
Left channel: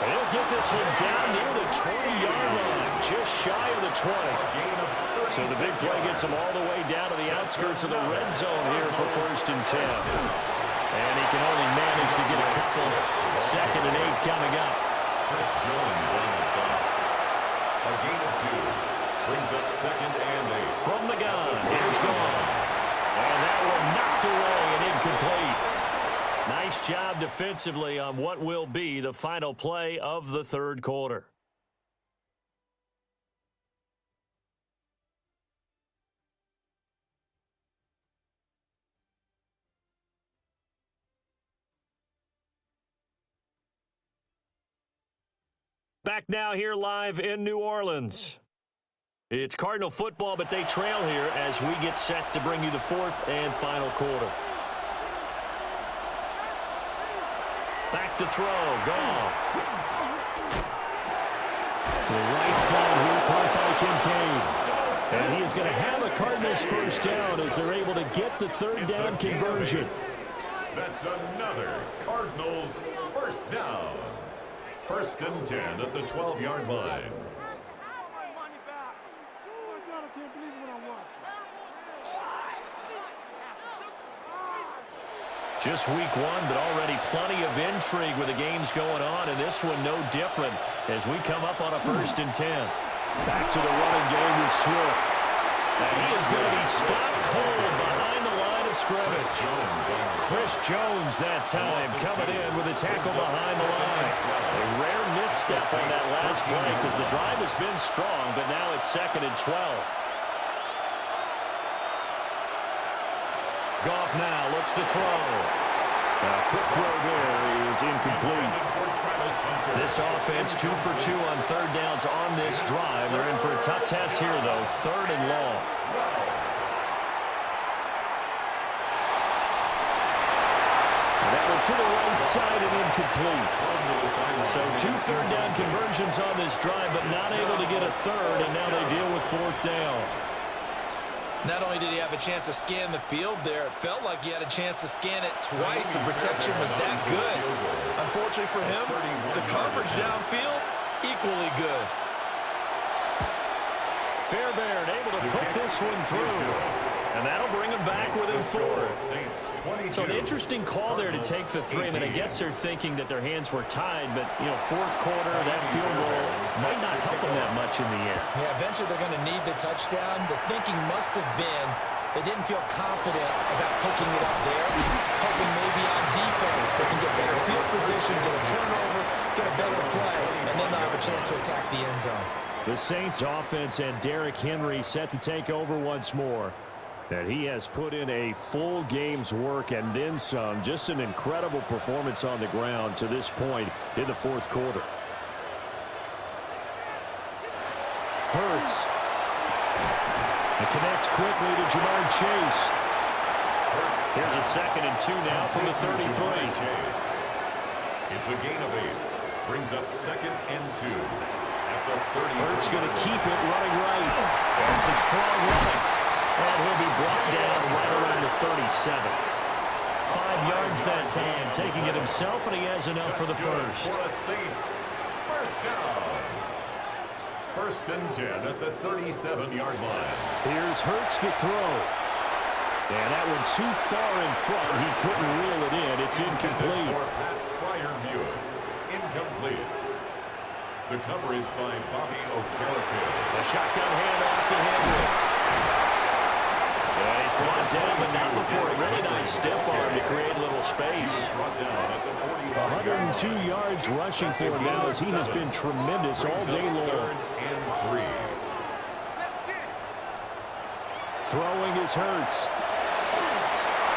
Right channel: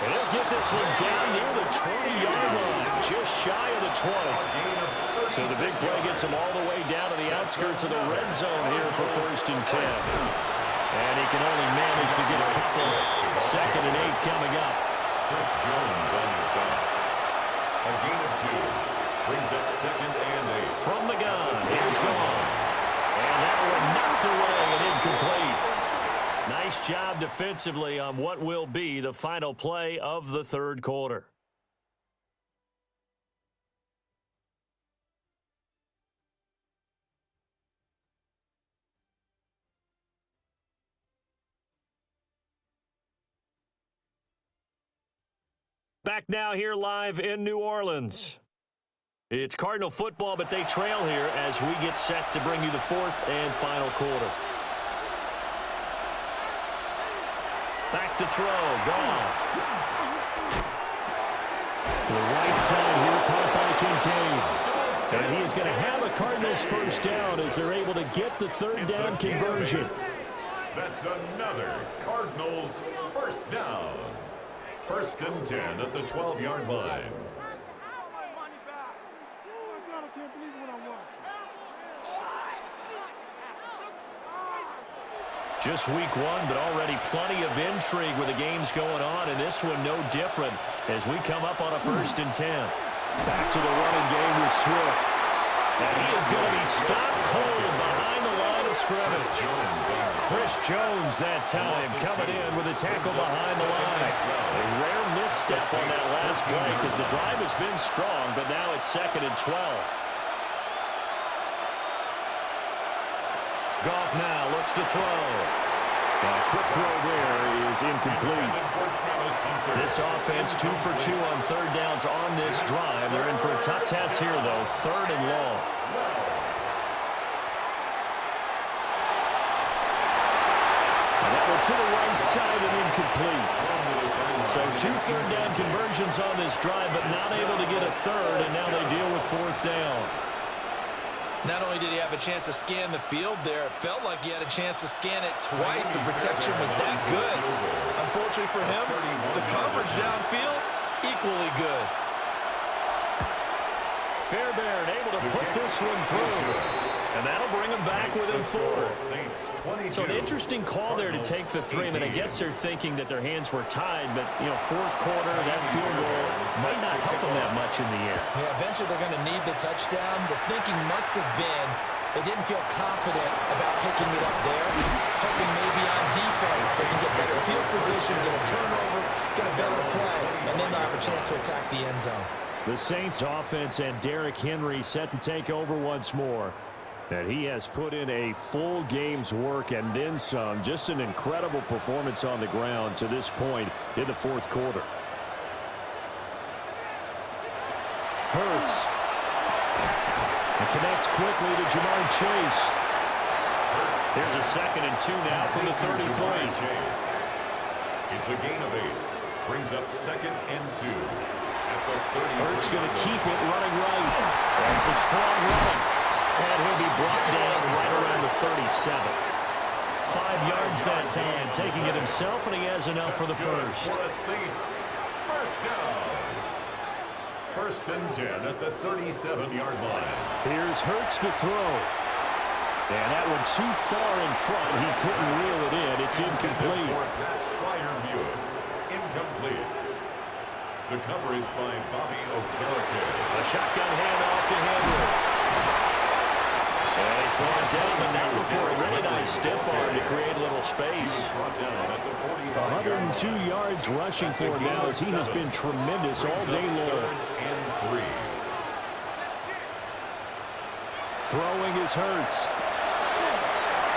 And he'll get this one down near the 20-yard line, just shy of the 20. So the big play gets him all the way down to the outskirts of the red zone here for first and 10. And he can only manage to get a couple. Second and 8 coming up. Chris Jones on the stop. A gain of 2 brings up second and 8. From the gun, here's Goff. And that one knocked away and incomplete. Nice job defensively on what will be the final play of the third quarter. Back now here live in New Orleans. It's Cardinal football, but they trail here as we get set to bring you the fourth and final quarter. Back to throw. Goff. To the right side here, caught by Kincaid. And he is going to have a Cardinals first down as they're able to get the third down conversion. That's another Cardinals first down. First and 10 at the 12-yard line. I can't believe what I'm watching. Just week one, but already plenty of intrigue with the games going on, and this one no different as we come up on a first and 10. Back to the running game with Swift. And he is going to be stopped cold behind the line of scrimmage. Chris Jones that time coming in with a tackle behind the line. A rare misstep on that last play because the drive has been strong, but now it's second and 12. Goff now looks to throw. A quick throw there is incomplete. This offense 2 for 2 on third downs on this drive. They're in for a tough test here, though. Third and long. And that one to the right side and incomplete. So 2 third down conversions on this drive, but not able to get a third, and now they deal with fourth down. Not only did he have a chance to scan the field there, it felt like he had a chance to scan it twice. The protection was that good. Unfortunately for him, the coverage downfield, equally good. Fairbairn able to put this one through. And that'll bring him back within 4. So an interesting call there to take the 3. I mean, I guess they're thinking that their hands were tied, but, you know, fourth quarter, that field goal might not help them that much in the air. Yeah, eventually they're going to need the touchdown. The thinking must have been they didn't feel confident about picking it up there, hoping maybe on defense they can get better field position, get a turnover, get a better play, and then they'll have a chance to attack the end zone. The Saints offense and Derrick Henry set to take over once more. And he has put in a full game's work and then some. Just an incredible performance on the ground to this point in the fourth quarter. Hurts. And connects quickly to Jamar Chase. Here's a second and 2 now from the 33. It's a gain of 8. Brings up second and 2. At the 30. Hurts going to keep it running right. And some strong running. And he'll be brought down right around the 37. 5 yards that time, taking it himself, and he has enough for the first. For a Saints first down. First and 10 at the 37-yard line. Here's Hurts to throw. And that one too far in front. He couldn't reel it in. It's incomplete. Incomplete. The coverage by Bobby Okereke. A shotgun handoff to Henry. And he's brought down, but not before a really nice stiff arm to create a little space. 102 yards rushing for him now as he has been tremendous all day long. Throwing is Hurts.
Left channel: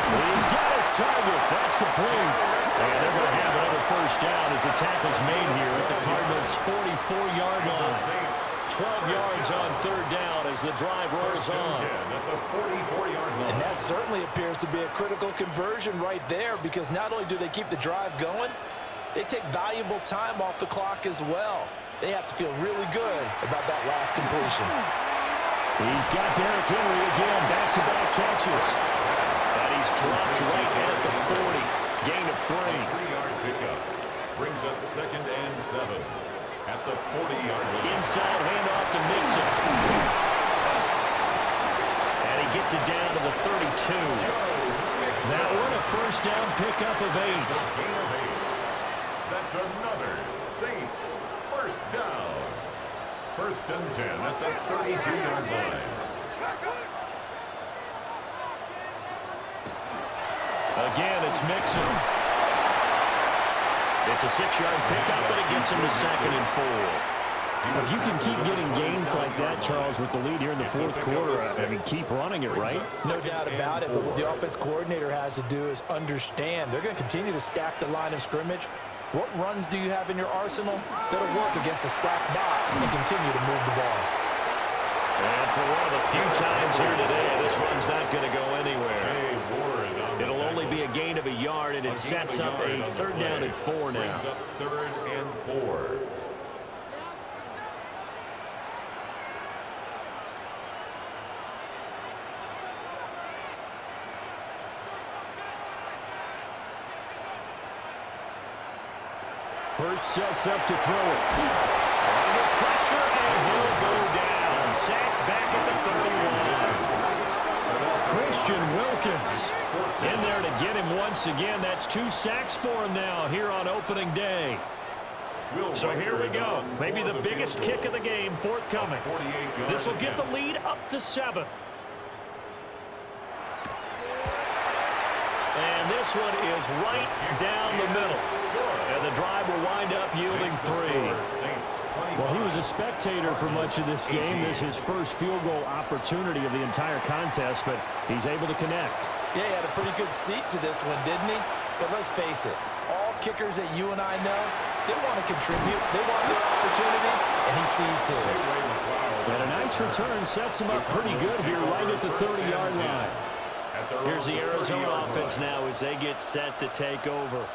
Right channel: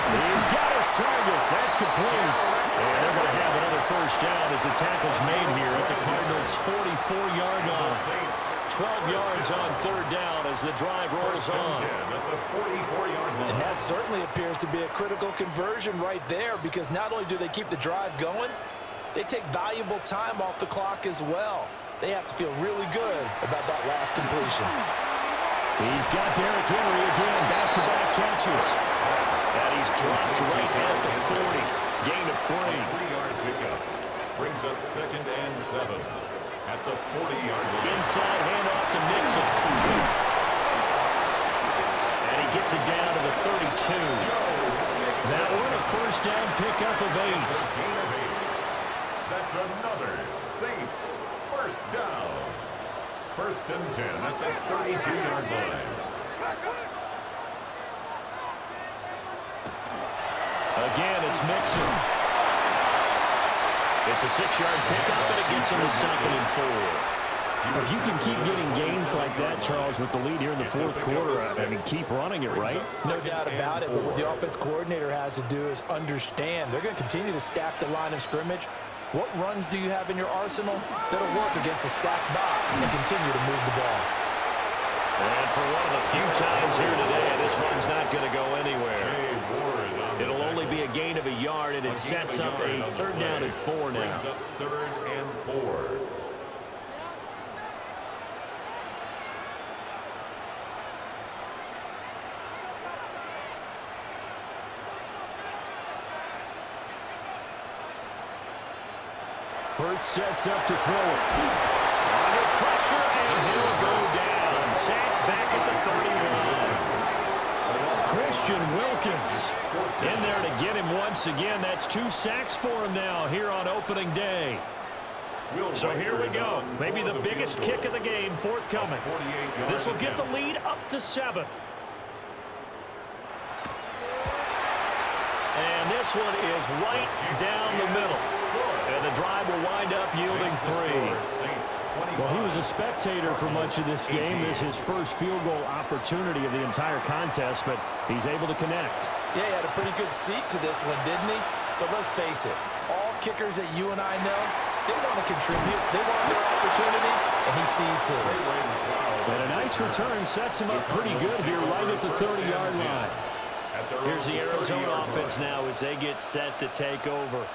He's got his target. That's complete. And they're going to have another first down as the tackle's made here at the Cardinals' 44-yard line. 12 yards on third down as the drive rolls on. At the 44-yard line. And that certainly appears to be a critical conversion right there, because not only do they keep the drive going, they take valuable time off the clock as well. They have to feel really good about that last completion. He's got Derrick Henry again, back-to-back catches. And he's dropped right at the 40. Gain of 3. 3-yard pickup brings up 2nd and 7 at the 40-yard line. Inside handoff to Mixon. And he gets it down to the 32. That one a first down pickup of 8. Gain of 8. That's another Saints first down. 1st and 10 at the 32-yard line. Again, it's Mixon. It's a 6-yard pickup, and it gets him to 2nd and 4. If you can keep getting gains like that, Charles, with the lead here in the fourth quarter, I mean, keep running it, right? No doubt about it, but what the offense coordinator has to do is understand they're going to continue to stack the line of scrimmage. What runs do you have in your arsenal that'll work against a stacked box and continue to move the ball? And for one of the few times here today, this run's not going to go anywhere. It'll only be a gain of a yard, and it sets up a 3rd down and 4 now. Brings up 3rd and 4. Hurts sets up to throw it. Under pressure, and he'll go down. Sacked back at the 31. Christian Wilkins In there to get him once again. That's 2 sacks for him now here on opening day. So here we go. Maybe the biggest kick of the game forthcoming. This will get the lead up to 7. And this one is right down the middle. And the drive will wind up yielding 3. Well, he was a spectator for much of this game. This is his first field goal opportunity of the entire contest, but he's able to connect. Yeah, he had a pretty good seat to this one, didn't he? But let's face it, all kickers that you and I know, they want to contribute. They want their opportunity, and he seized his. And a nice return sets him up pretty good here right at the 30-yard line. Here's the Arizona offense now as they get set to take over.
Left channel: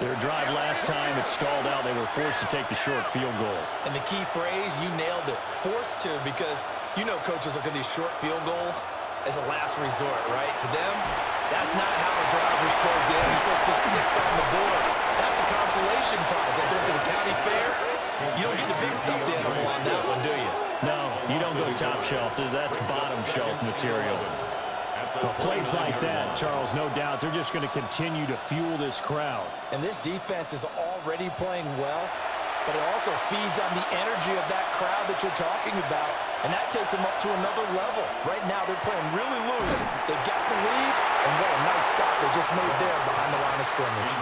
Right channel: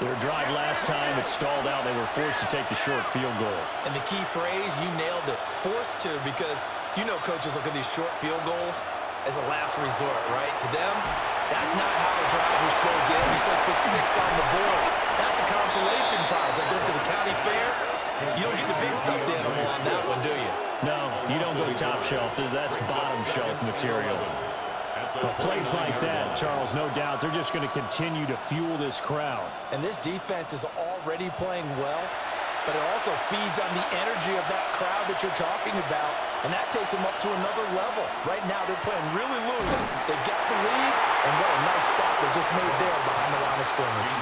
Their drive last time, it stalled out. They were forced to take the short field goal. And the key phrase, you nailed it, forced to, because you know coaches look at these short field goals as a last resort, right? To them, that's not how drives are supposed to end. You're supposed to put 6 on the board. That's a consolation prize. Like going to the county fair, you don't get the big stuffed animal on that one, do you? No, you don't go top shelf. That's bottom shelf material. Well, plays like that, Charles, no doubt, they're just going to continue to fuel this crowd. And this defense is already playing well, but it also feeds on the energy of that crowd that you're talking about, and that takes them up to another level. Right now, they're playing really loose. They've got the lead, and what a nice stop they just made there behind the line of scrimmage.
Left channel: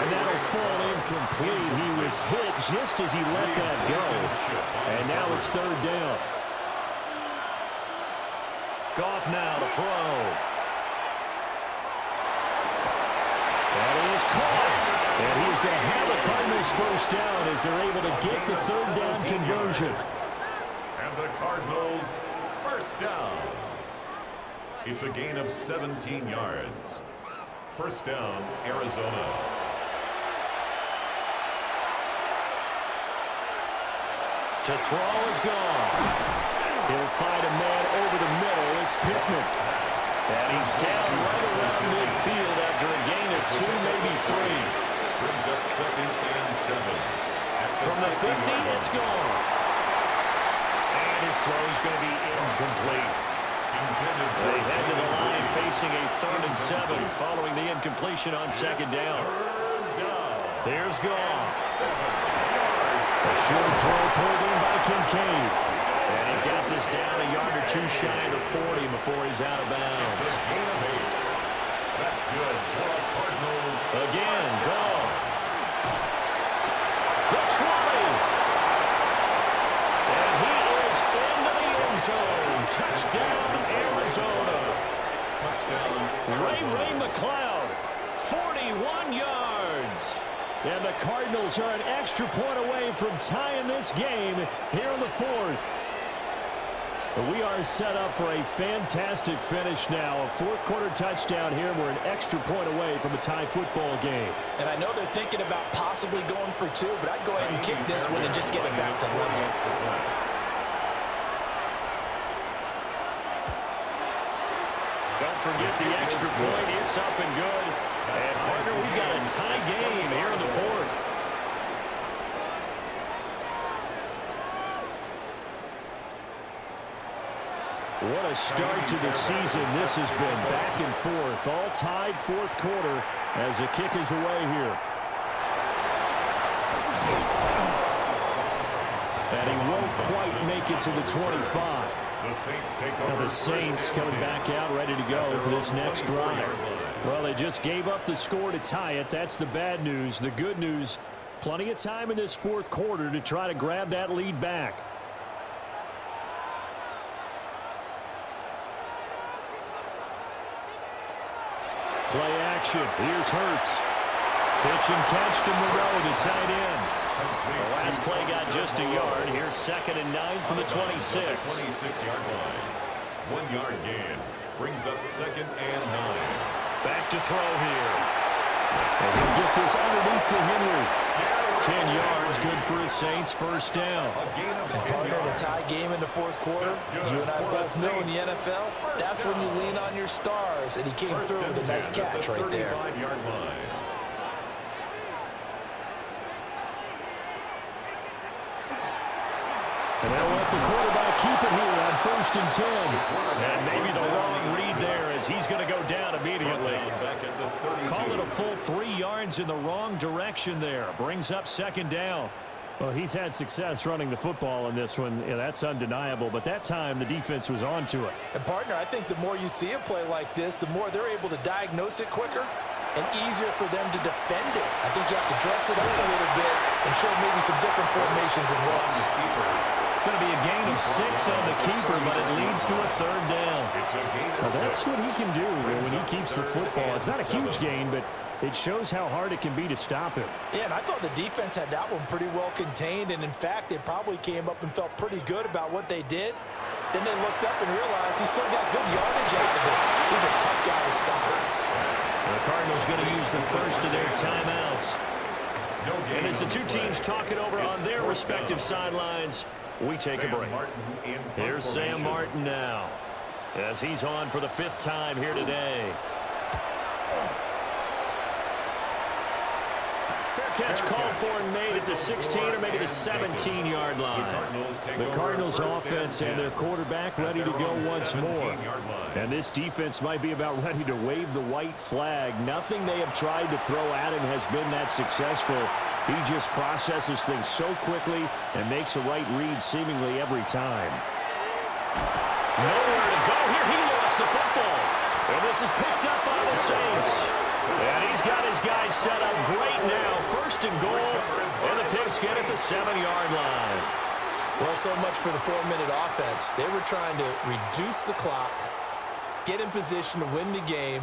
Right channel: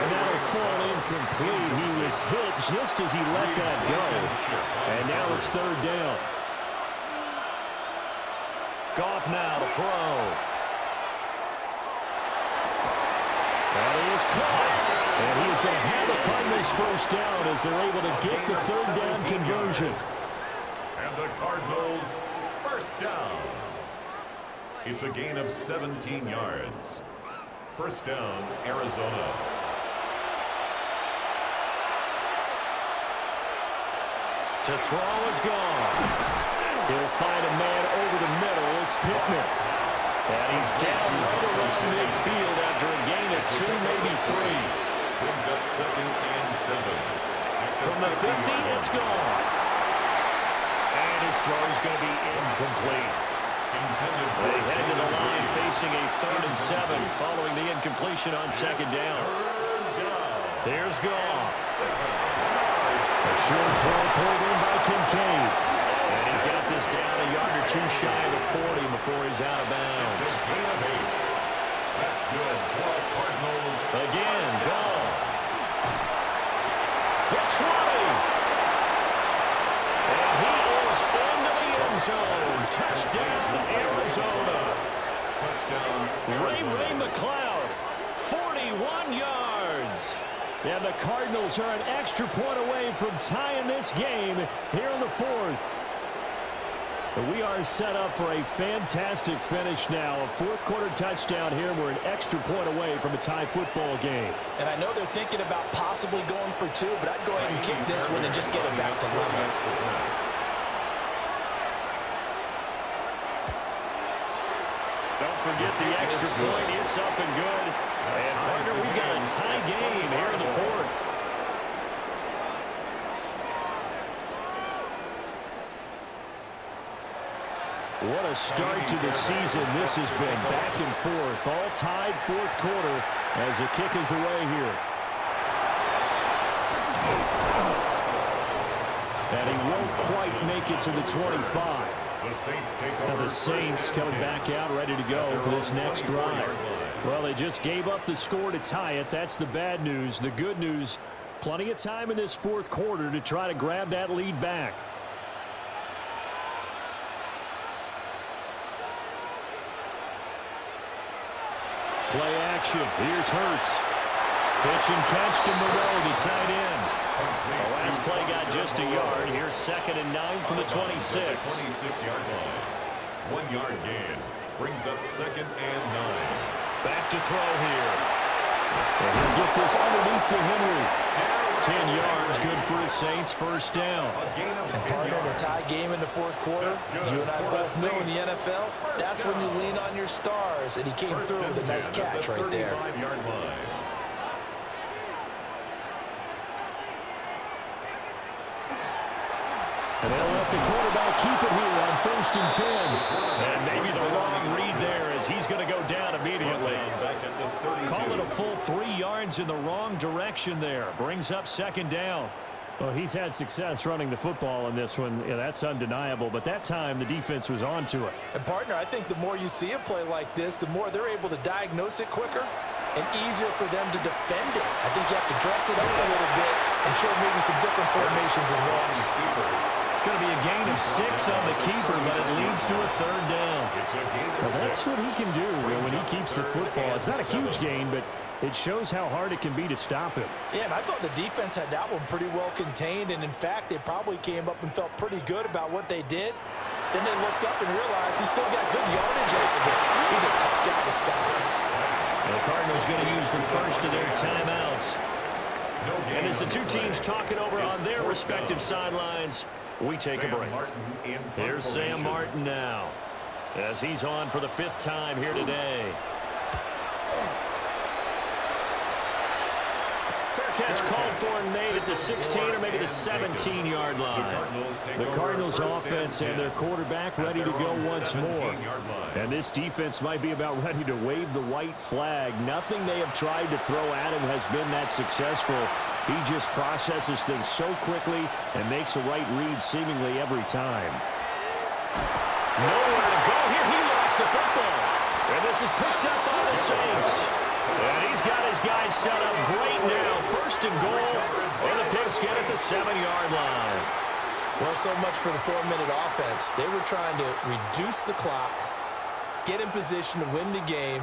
And that'll fall incomplete. He was hit just as he let that go. And now it's 3rd down. Goff now to throw. That is caught. And he is going to have the Cardinals first down as they're able to get the 3rd down conversion. And the Cardinals first down. It's a gain of 17 yards. First down, Arizona. To throw is gone. He'll find a man over the middle. It's Pittman. And he's down right around midfield after a gain of 2, maybe 3. Brings up 2nd and 7. From the 50, it's gone. And his throw is going to be incomplete. They head to the line facing a 3rd and 7 following the incompletion on 2nd down. There's Goff. A short throw pulled in by Kincaid. And he's got this down a yard or 2 shy of the 40 before he's out of bounds. It's a gain of 8. That's good for the Cardinals. Again, Goff. The 20. And he is into the end zone. Touchdown, Arizona. Touchdown, Ray McCloud 41 yards. And the Cardinals are an extra point away from tying this game here in the fourth. We are set up for a fantastic finish now. A fourth-quarter touchdown here. We're an extra point away from a tie football game. And I know they're thinking about possibly going for two, but I'd go ahead and kick this one and just get it back to level. Don't forget the extra point. It's up and good. And, partner, we've got a tie game here in the fourth. What a start to the season this has been. Back and forth, all tied fourth quarter as the kick is away here. And he won't quite make it to the 25. Now the Saints coming back out ready to go for this next drive. Well, they just gave up the score to tie it. That's the bad news. The good news, plenty of time in this fourth quarter to try to grab that lead back. Play action. Here's Hurts. Pitch and catch to Moreau, the tight end. The last play got just a yard. Here's 2nd and 9 from the 26. 26-yard line. 1 yard gain. Brings up 2nd and 9. Back to throw here. And he'll get this underneath to Henry. 10 yards, good for his Saints. First down. And partner, in a tie game in the fourth quarter, you and I both know in the NFL, that's when you lean on your stars. And he came through with a nice catch right there. 35-yard line. And they'll let the quarterback keep it here on 1st and 10. And maybe the wrong read there as he's going to go down immediately. Call it a full 3 yards in the wrong direction there. Brings up 2nd down. Well, he's had success running the football in this one. Yeah, that's undeniable. But that time, the defense was on to it. And, partner, I think the more you see a play like this, the more they're able to diagnose it quicker and easier for them to defend it. I think you have to dress it up a little bit and show maybe some different formations and looks. It's going to be a gain of 6 on the keeper, but it leads to a 3rd down. Well, that's what he can do when he keeps the football. It's not a huge gain, but it shows how hard it can be to stop him. Yeah, and I thought the defense had that one pretty well contained, and in fact, they probably came up and felt pretty good about what they did. Then they looked up and realized he still got good yardage out of it. He's a tough guy to stop. The Cardinals going to use the first of their timeouts. And as the two teams talk it over on their respective sidelines, we take a break. Here's Sam Martin now as he's on for the 5th time here today. Fair catch called for and made at the 16 or maybe the 17-yard line. The Cardinals offense and their quarterback ready to go once more. And this defense might be about ready to wave the white flag. Nothing they have tried to throw at him has been that successful. He just processes things so quickly and makes the right read seemingly every time. Nowhere to go here. He lost the football. And this is picked up by the Saints. And he's got his guys set up great now. 1st and goal. And the Pigskin at the 7-yard line. Well, so much for the 4-minute offense. They were trying to reduce the clock, get in position to win the game,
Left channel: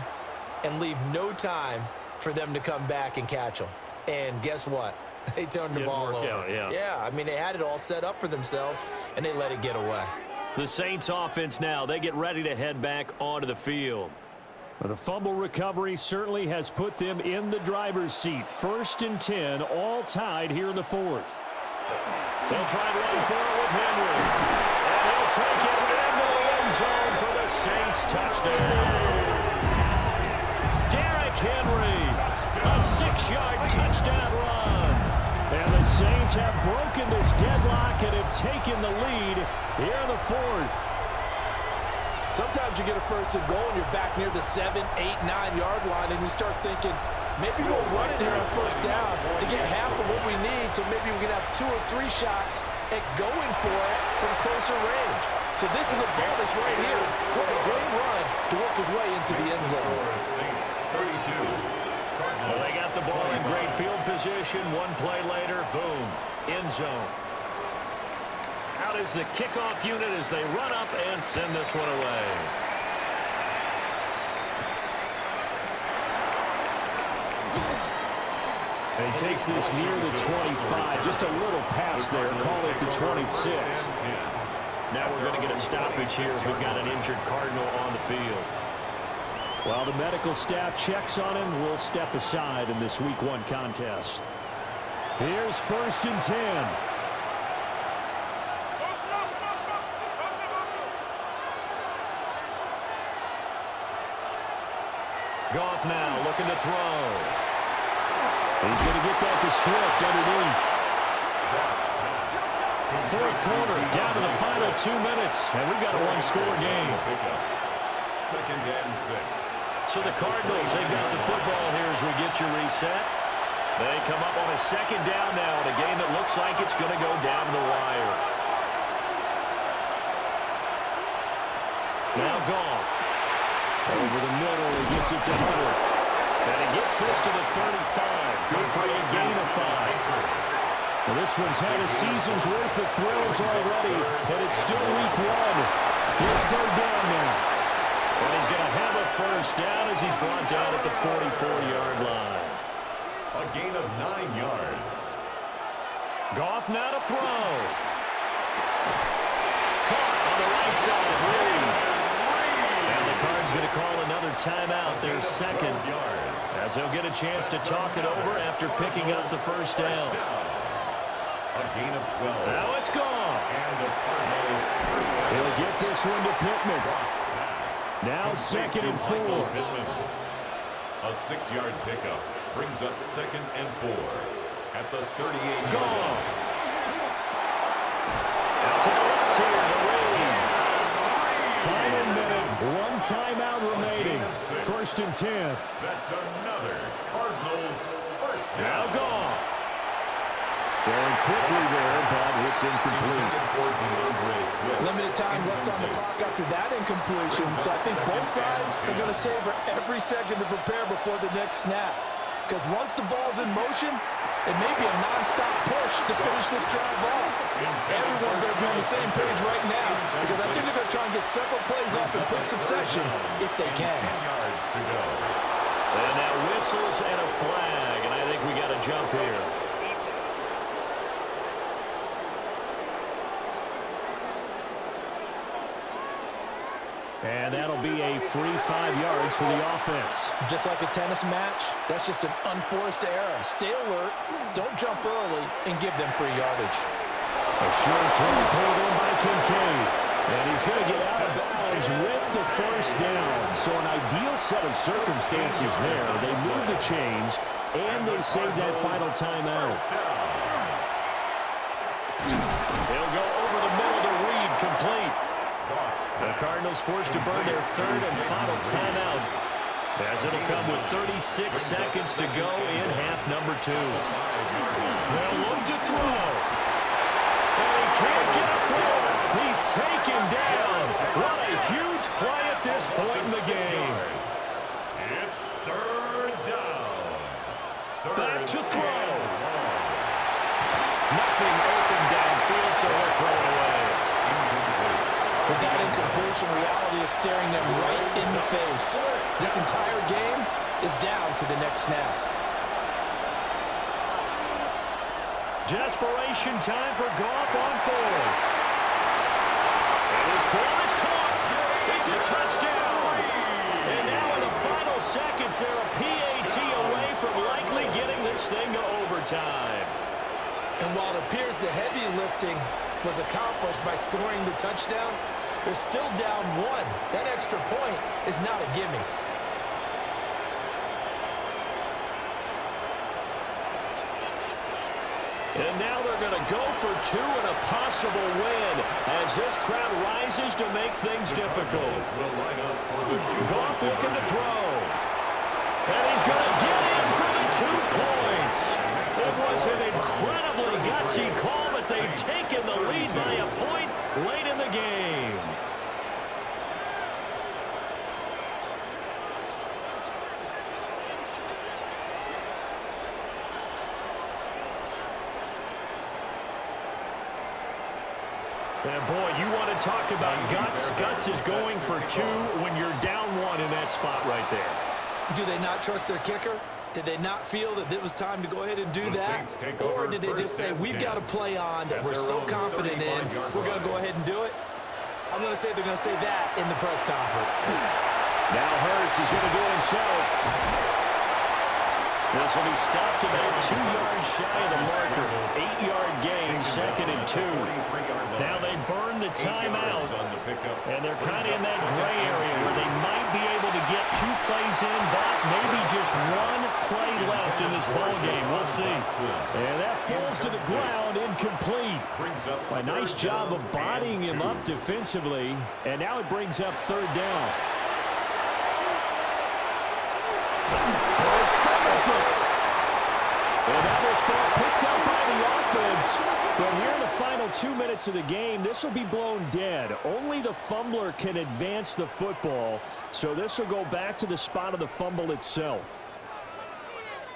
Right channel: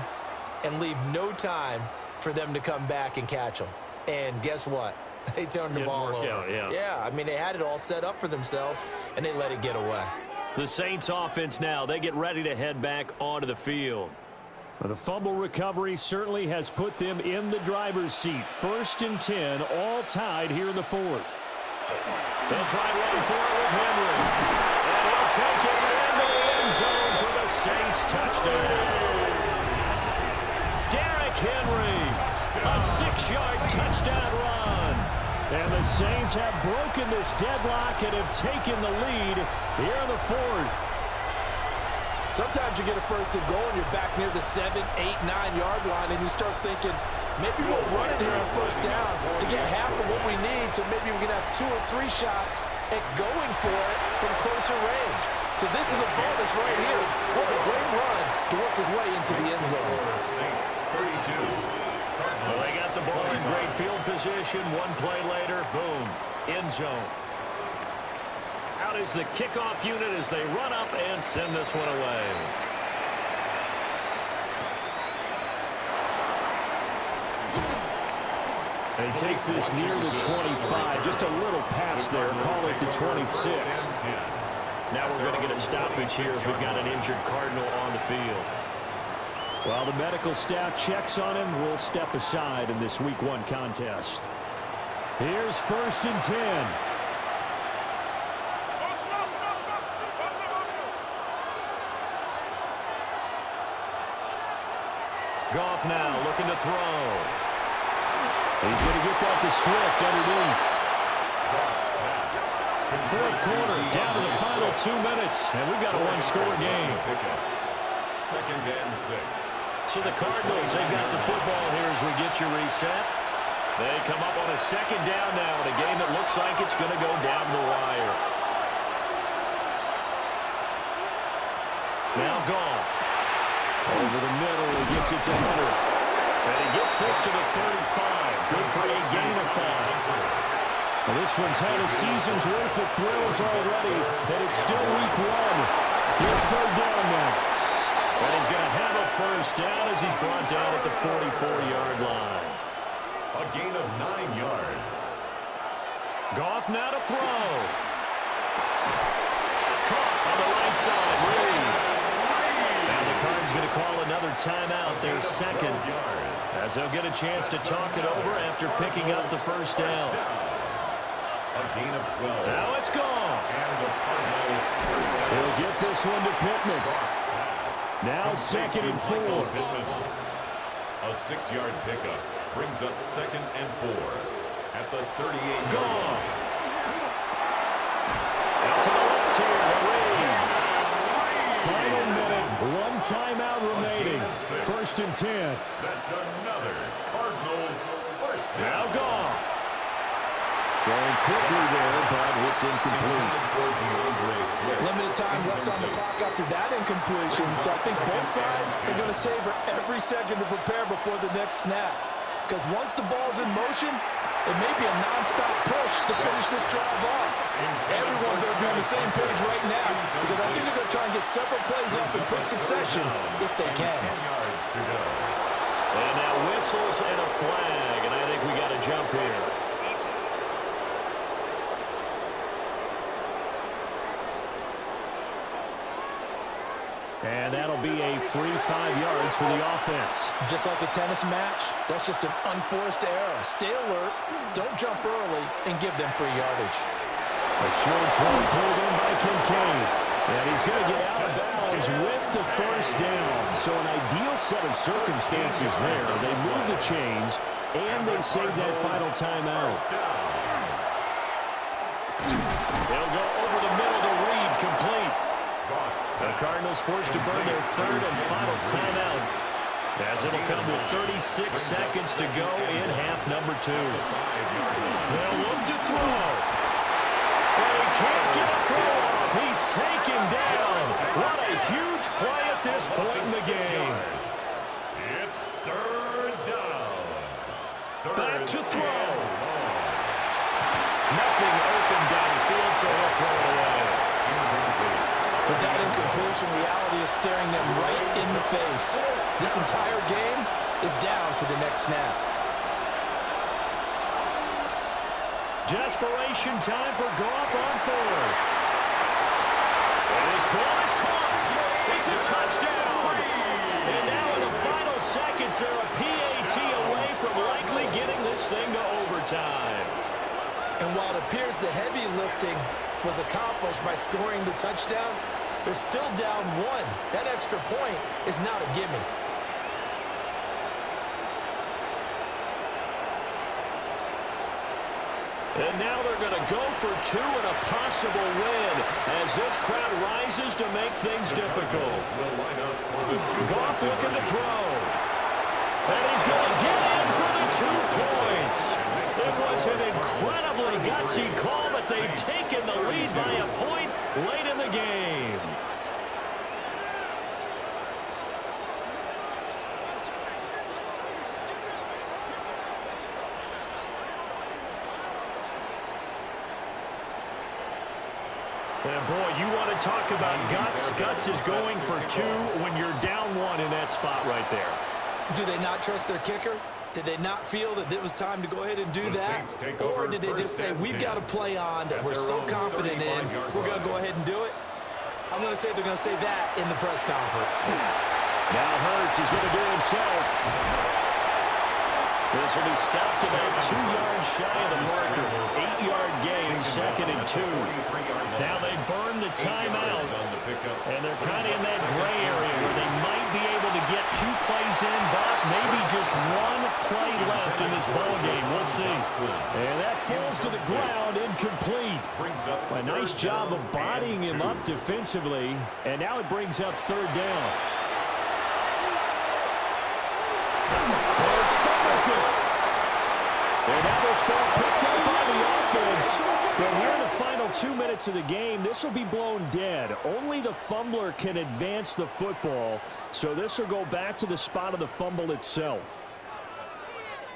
and leave no time for them to come back and catch them. And guess what? They turned the ball over. Yeah, I mean, they had it all set up for themselves, and they let it get away. The Saints offense now, they get ready to head back onto the field. Well, the fumble recovery certainly has put them in the driver's seat. 1st and 10, all tied here in the 4th. They'll try and run for it with Henry. And he'll take it into the end zone for the Saints touchdown. Derrick Henry, a 6-yard touchdown run. And the Saints have broken this deadlock and have taken the lead here in the 4th. Sometimes you get a 1st and goal and you're back near the 7, 8, 9-yard line and you start thinking, maybe we'll run it here on 1st down to get half of what we need, so maybe we can have 2 or 3 shots at going for it from closer range. So this is a bonus right here. What a great run to work his way into the end zone. Saints 32. Well, they got the ball in great field position. 1 play later, boom, end zone. Out is the kickoff unit as they run up and send this one away. And he takes this near the 25. Just a little pass there. Call it the 26. Now we're going to get a stoppage here as we've got an injured Cardinal on the field. While the medical staff checks on him, we'll step aside in this Week 1 contest. Here's 1st and 10. Goff now looking to throw. He's going to get that to Swift underneath. 4th quarter, down to the final 2 minutes, and we've got a one-score game. 2nd and 6. So the Cardinals, they've got the football here as we get you reset. They come up on a 2nd down now in a game that looks like it's going to go down the wire. Now Goff. Over the middle, he gets it to Hunter. And he gets this to the 35. Good for a gain of 5. Well, this one's had a season's worth of thrills already, and it's still Week 1. Here's 3rd down now. And he's going to have a 1st down as he's brought down at the 44-yard line. A gain of 9 yards. Goff now to throw. Caught on the right side. Reed. And the Cards going to call another timeout, their 2nd, as they'll get a chance to talk it over after picking up the 1st down. A gain of 12. Now it's gone. And the Cardinal first down. He'll get this one to Pittman. Now 2nd and 4. A 6-yard pickup brings up 2nd and 4 at the 38-yard line. Out to the left here to Reed. Final minute, 1 timeout remaining. 1st and 10. That's another Cardinals first down. Now Goff. Going quickly there, but it's incomplete. Limited time left on the clock after that incompletion, so I think both sides are going to savor every second to prepare before the next snap. Because once the ball's in motion, it may be a non-stop push to finish this drive off. Everyone better be on the same page right now, because I think they're going to try and get several plays off in quick succession if they can. 10 yards to go. And now whistles and a flag, and I think we got to jump here. And that'll be a free 5 yards for the offense. Just like a tennis match, that's just an unforced error. Stay alert, don't jump early, and give them free yardage. A short throw pulled in by Kincaid. And he's going to get out of bounds with the 1st down. So an ideal set of circumstances there. They move the chains, and they save that final timeout. They'll go over the middle to Reed, complete. The Cardinals forced to burn their 3rd and final timeout, as it'll come with 36 seconds to go in half number 2. They'll look to throw. And he can't get a throw off. He's taken down. What a huge play at this point in the game. It's 3rd down. Back to throw. Nothing open downfield, so he'll throw it away. With that incompletion, reality is staring them right in the face. This entire game is down to the next snap. Desperation time for Goff on 4th. And his ball is caught. It's a touchdown. And now in the final seconds, they're a PAT away from likely getting this thing to overtime. And while it appears the heavy lifting was accomplished by scoring the touchdown, they're still down 1. That extra point is not a gimme. And now they're going to go for 2 and a possible win as this crowd rises to make things difficult. Goff looking to throw. And he's going to get in for the 2 points. It was an incredibly gutsy call, but they've taken the lead by a point late in the game. And boy, you want to talk about guts. Guts is going for 2 when you're down 1 in that spot right there. Do they not trust their kicker? Did they not feel that it was time to go ahead and do that? Or did they just say, we've got a play on that we're so confident in, we're going to go ahead and do it? I'm going to say they're going to say that in the press conference. Now Hurts is going to do it himself. This will be stopped about 2 yards shy of the marker. 8-yard gain, 2nd and 2. Now they burn the timeout, and they're kind of in that gray area where they might be able to get 2 plays in, but maybe just 1 play left in this ball game. We'll see. And that falls to the ground, incomplete. A nice job of bodying him up defensively, and now it brings up 3rd down. Hurts fumbles it. And now this ball picked up by the offense. But here in the final 2 minutes of the game, this will be blown dead. Only the fumbler can advance the football. So this will go back to the spot of the fumble itself.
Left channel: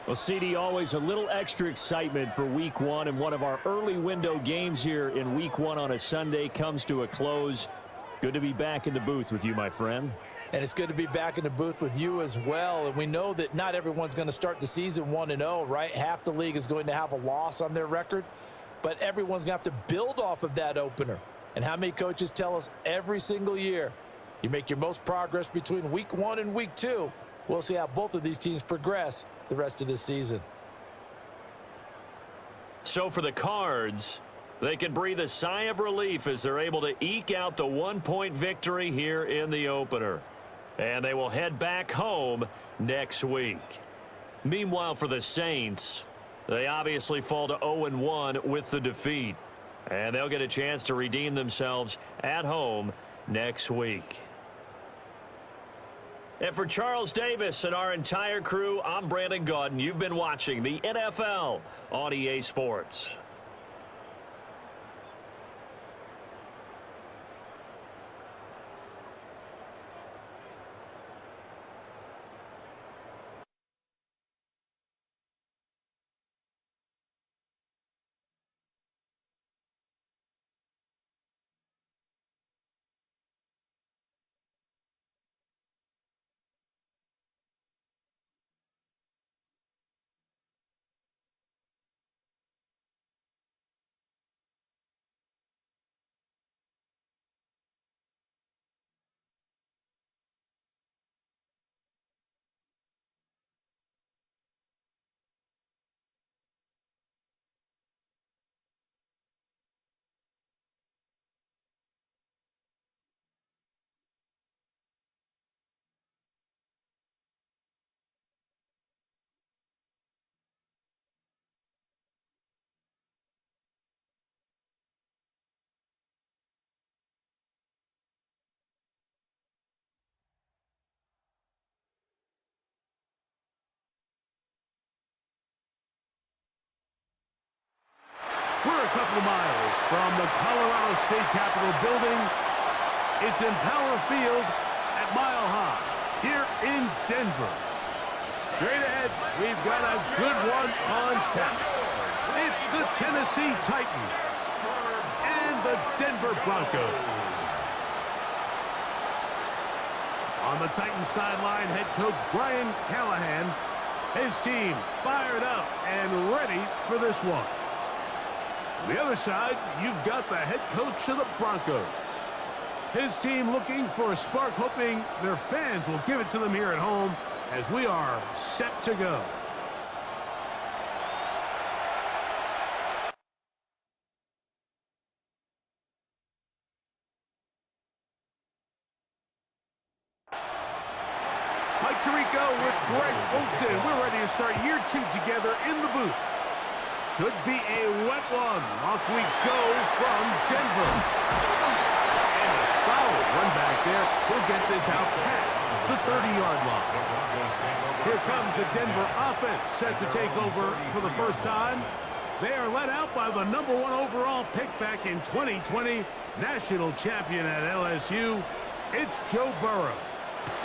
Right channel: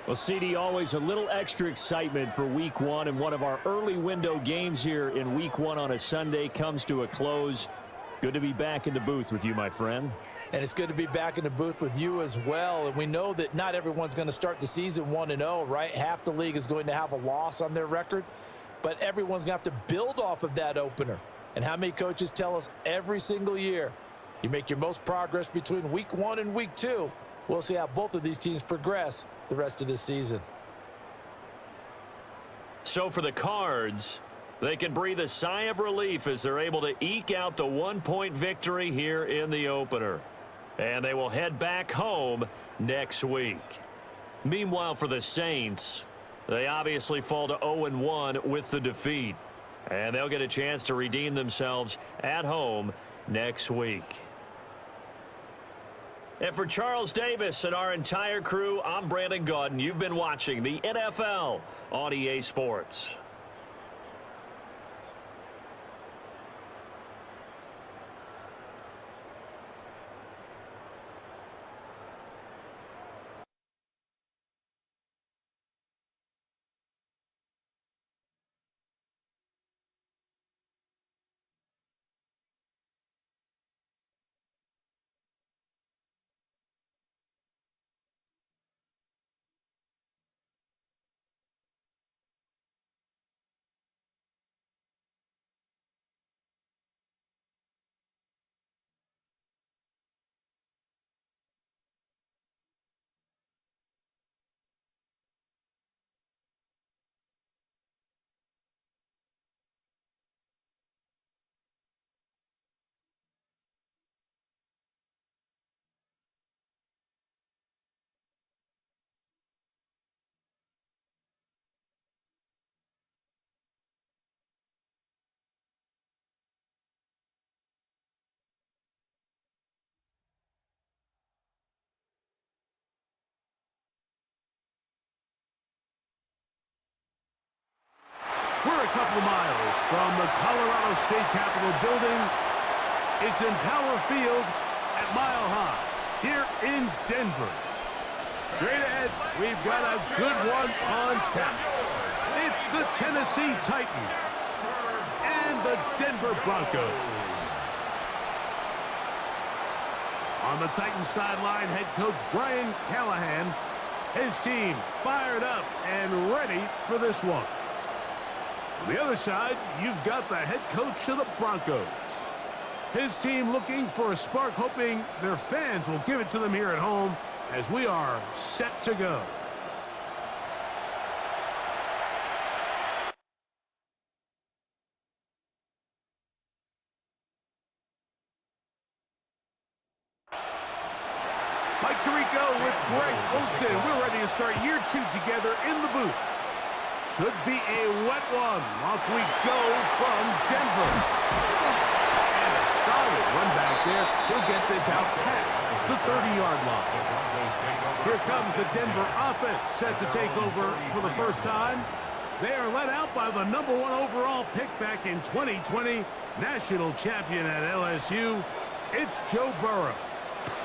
Well, CD, always a little extra excitement for Week 1. And one of our early window games here in Week 1 on a Sunday comes to a close. Good to be back in the booth with you, my friend. And it's good to be back in the booth with you as well. And we know that not everyone's going to start the season 1-0, right? Half the league is going to have a loss on their record. But everyone's going to have to build off of that opener. And how many coaches tell us every single year, you make your most progress between Week 1 and Week 2. We'll see how both of these teams progress the rest of this season. So for the Cards, they can breathe a sigh of relief as they're able to eke out the 1-point victory here in the opener. And they will head back home next week. Meanwhile, for the Saints, they obviously fall to 0-1 with the defeat. And they'll get a chance to redeem themselves at home next week. And for Charles Davis and our entire crew, I'm Brandon Gaudin. You've been watching the NFL on EA Sports. We're a couple of miles from the Colorado State Capitol building. It's in Power Field at Mile High here in Denver. Straight ahead, we've got a good one on tap. It's the Tennessee Titans and the Denver Broncos. On the Titans sideline, head coach Brian Callahan. His team fired up and ready for this one. On the other side, you've got the head coach of the Broncos. His team looking for a spark, hoping their fans will give it to them here at home as we are set to go. Mike Tirico with Greg Olsen. We're ready to start year 2 together in the booth. Should be a wet one. Off we go from Denver. And a solid run back there. He'll get this out past the 30-yard line. Here comes the Denver offense set to take over for the first time. They are led out by the #1 overall pick back in 2020, national champion at LSU. It's Joe Burrow.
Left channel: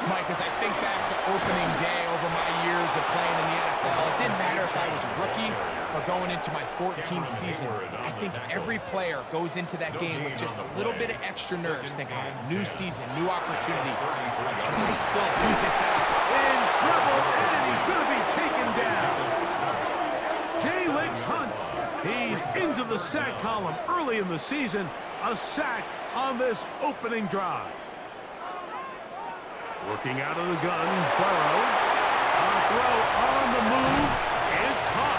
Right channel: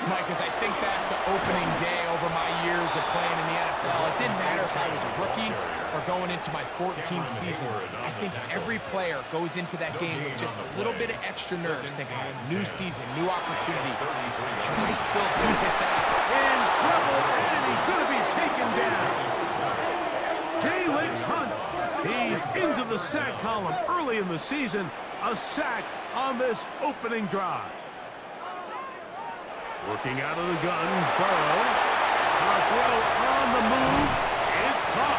Mike, as I think back to opening day over my years of playing in the NFL, it didn't matter if I was a rookie or going into my 14th season. I think every player goes into that game with just a little bit of extra nerves, thinking, new season, new opportunity. Can I still do this out? In trouble, and he's going to be taken down. Jalen Hunt, he's into the sack column early in the season. A sack on this opening drive. Working out of the gun, Burrow. A throw on the move is caught.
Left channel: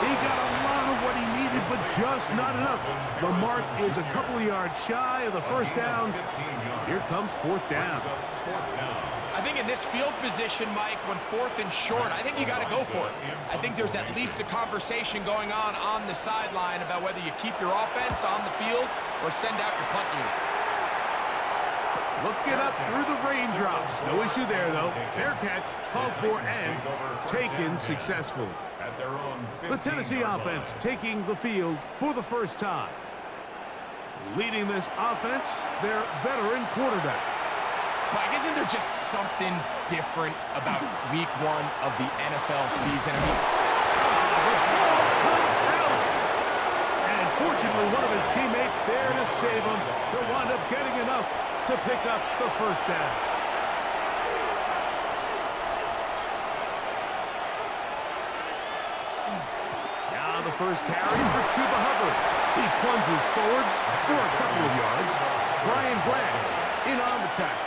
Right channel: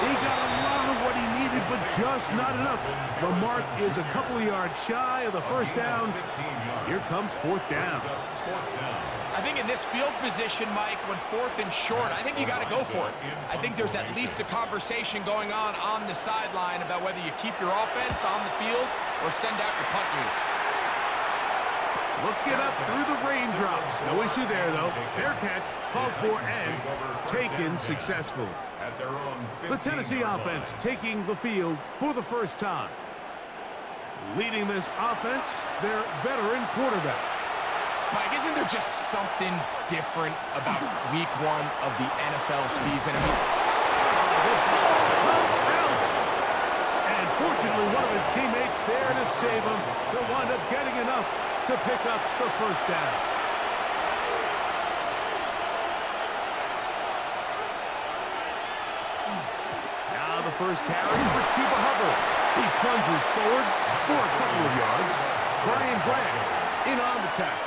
He got a lot of what he needed, but just not enough. The mark is a couple of yards shy of the first down. Here comes fourth down. I think in this field position, Mike, when fourth and short, I think you got to go for it. I think there's at least a conversation going on the sideline about whether you keep your offense on the field or send out your punt unit. Look it up through the raindrops. No issue there, though. Fair catch, called for, and taken successfully. The Tennessee offense taking the field for the first time. Leading this offense, their veteran quarterback. Mike, isn't there just something different about week one of the NFL season? I mean, the ball comes out. And fortunately, one of his teammates there to save him. They'll wind up getting enough to pick up the first down. Now the first carry for Chuba Hubbard. He plunges forward for a couple of yards. Brian Branch in on the tackle.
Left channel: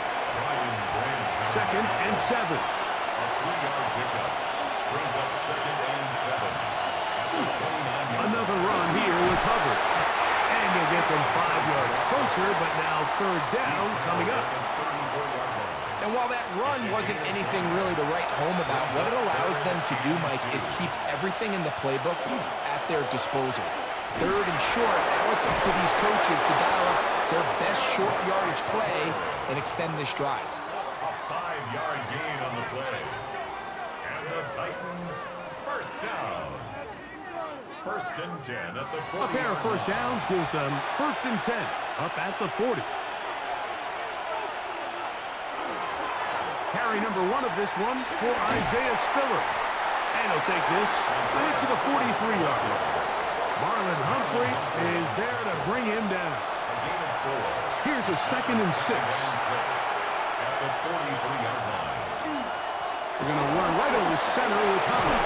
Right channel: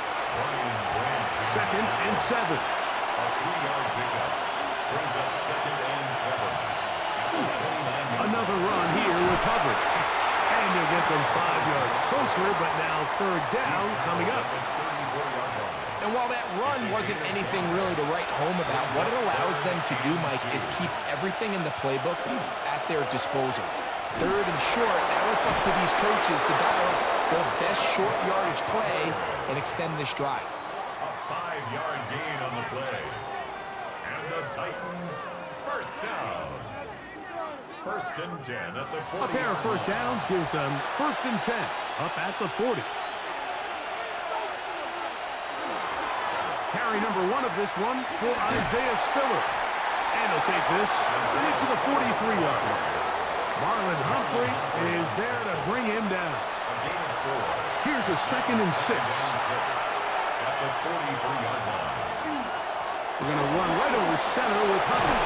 Second and 7. A 3-yard pickup brings up second and 7. Another run here with Hubbard. And you'll get them 5 yards closer, but now third down coming up. And while that run wasn't anything really to write home about, what it allows them to do, Mike, is keep everything in the playbook at their disposal. Third and short, now it's up to these coaches to dial up their best short yardage play and extend this drive. A 5-yard gain on the play. And the Titans first down. First and 10 at the 40. A pair of first downs gives them first and 10 up at the 40. Carry number 1 of this one for Isaiah Spiller. And he'll take this back to the 43-yard line. Marlon Humphrey is there to bring him down. Here's a second and 6. At the 43-yard line. We're going to run right over center with Hubbard.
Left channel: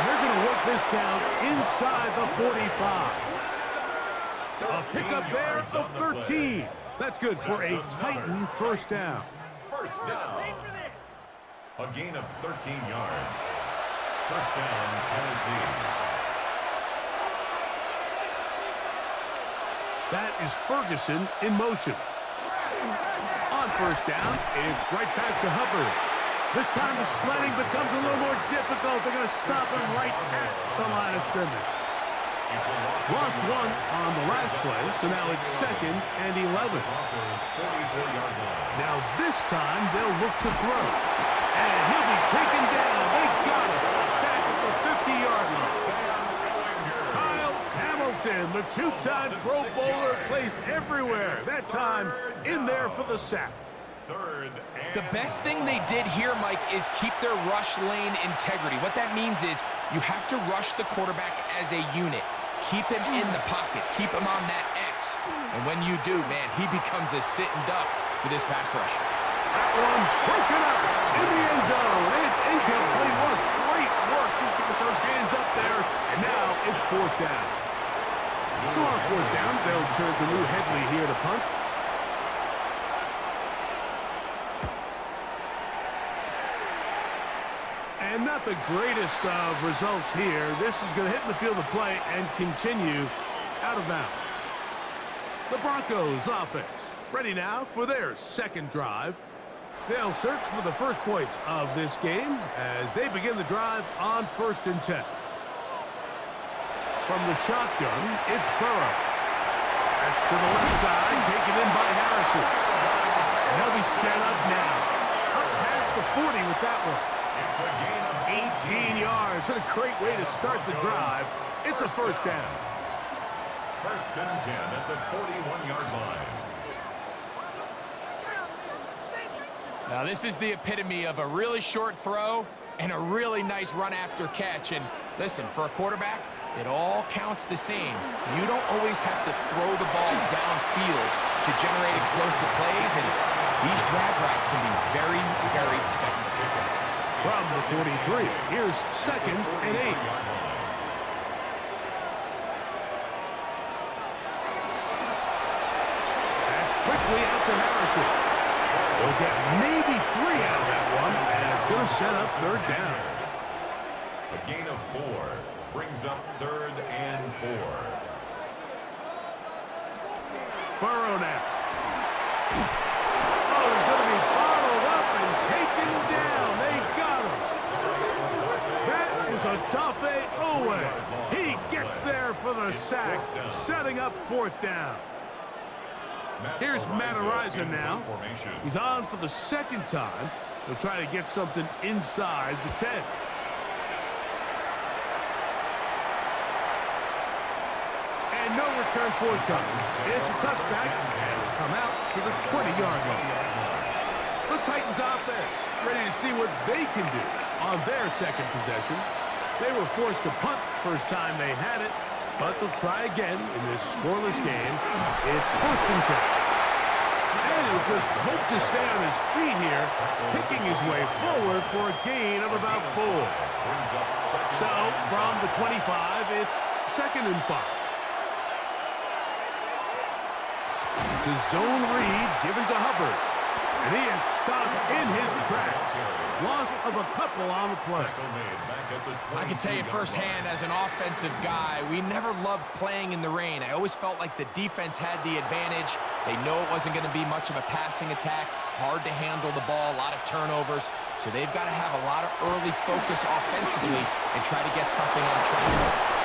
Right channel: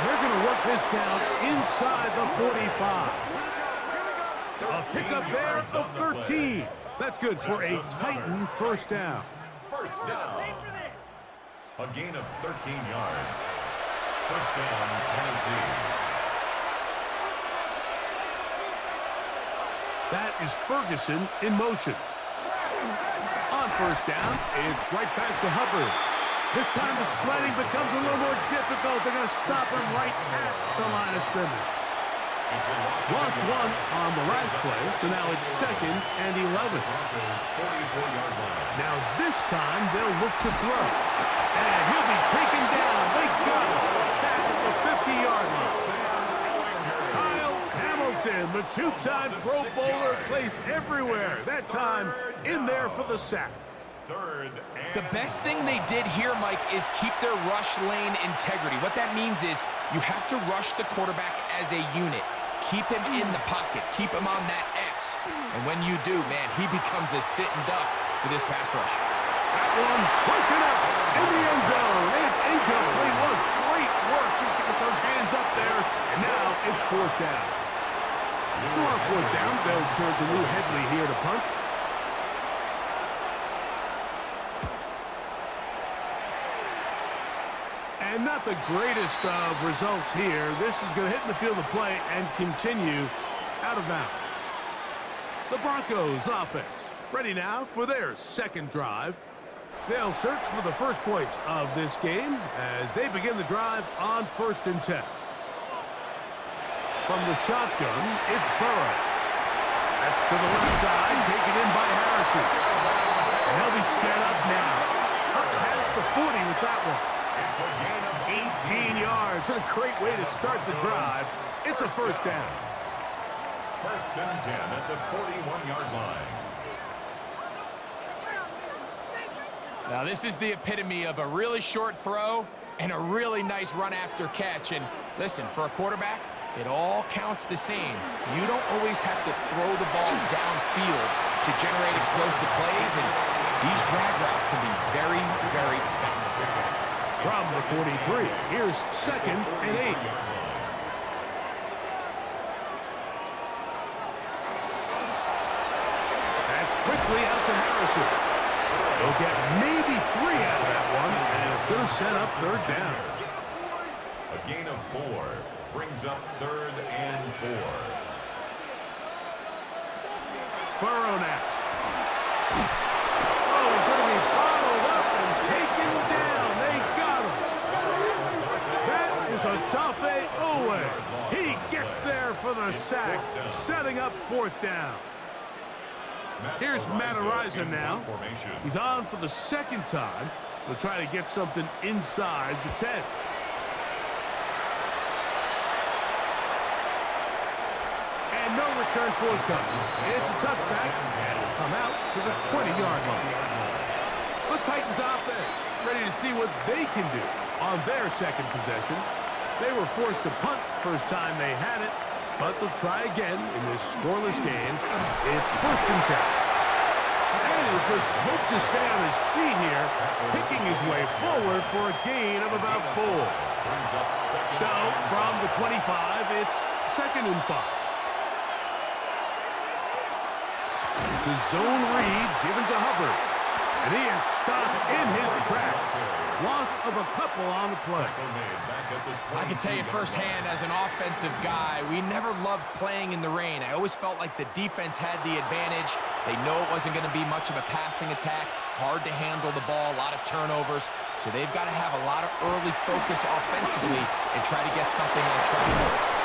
And they're going to work this down inside the 45. A pickup there of 13. That's good for a Titan first down. First down. A gain of 13 yards. First down, Tennessee. That is Ferguson in motion. On first down, it's right back to Hubbard. This time the sledding becomes a little more difficult. They're going to stop him right at the line of scrimmage. Lost one on the last play, so now it's second and 11. Now this time they'll look to throw. And he'll be taken down. They got him back at the 50-yard line. Kyle Hamilton, the two-time Pro Bowler, placed everywhere. That time in there for the sack. The best thing they did here, Mike, is keep their rush lane integrity. What that means is you have to rush the quarterback as a unit. Keep him in the pocket. Keep him on that X. And when you do, man, he becomes a sitting duck for this pass rush. That one broken up in the end zone. It's incomplete. What great work just to get those hands up there. And now it's fourth down. So on fourth down, they'll turn to Lou Hedley here to punt. And not the greatest of results here. This is going to hit in the field of play and continue out of bounds. The Broncos offense ready now for their second drive. They'll search for the first points of this game as they begin the drive on first and 10. From the shotgun, it's Burrow. That's to the left side, taken in by Harrison. And they'll be set up now. Up past the 40 with that one. It's a gain of 18 yards. What a great way to start the drive. It's a first down. First and 10 at the 41-yard line. Now, this is the epitome of a really short throw and a really nice run after catch. And listen, for a quarterback, it all counts the same. You don't always have to throw the ball downfield to generate explosive plays, and these drag routes can be very, very effective. From the 43, here's 2nd and 8. That's quickly out to Harrison. They'll get maybe 3 out of that one, and it's going to set up 3rd down. A gain of 4 brings up 3rd and 4. Burrow now. Oh, he's going to be bottled up and taken down. They got him. That is a Dafe Owe. He gets there for the sack, setting up 4th down. Here's Matt Ariza now. He's on for the 2nd time. He'll try to get something inside the 10. And no return forthcoming. It's a touchback, and will come out to the 20-yard line. The Titans offense ready to see what they can do on their 2nd possession. They were forced to punt first time they had it, but they'll try again in this scoreless game. It's 1st and 10. And he'll just hope to stay on his feet here, picking his way forward for a gain of about 4. So from the 25, it's 2nd and 5. It's a zone read given to Hubbard. And he is stopped in his tracks. Loss of a couple on the play. I can tell you firsthand, as an offensive guy, we never loved playing in the rain. I always felt like the defense had the advantage. They know it wasn't going to be much of a passing attack. Hard to handle the ball, a lot of turnovers. So they've got to have a lot of early focus offensively and try to get something on track.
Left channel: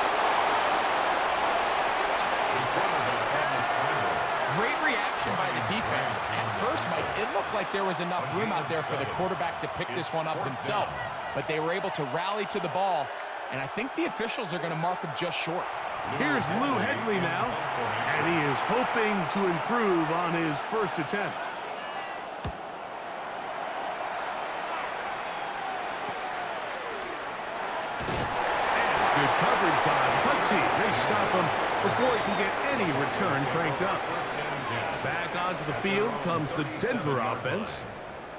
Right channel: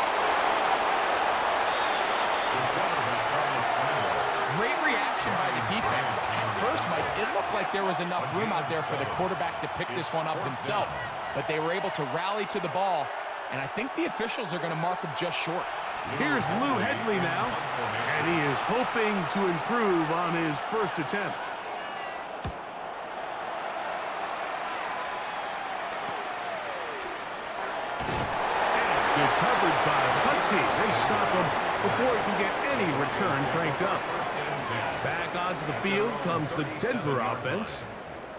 Great reaction by the defense. At first, Mike, it looked like there was enough room out there for the quarterback to pick this one up himself. But they were able to rally to the ball, and I think the officials are going to mark him just short. Here's Lou Hedley now, and he is hoping to improve on his 1st attempt. And good coverage by the punt team. They stop him before he can get any return cranked up. Back onto the field comes the Denver offense.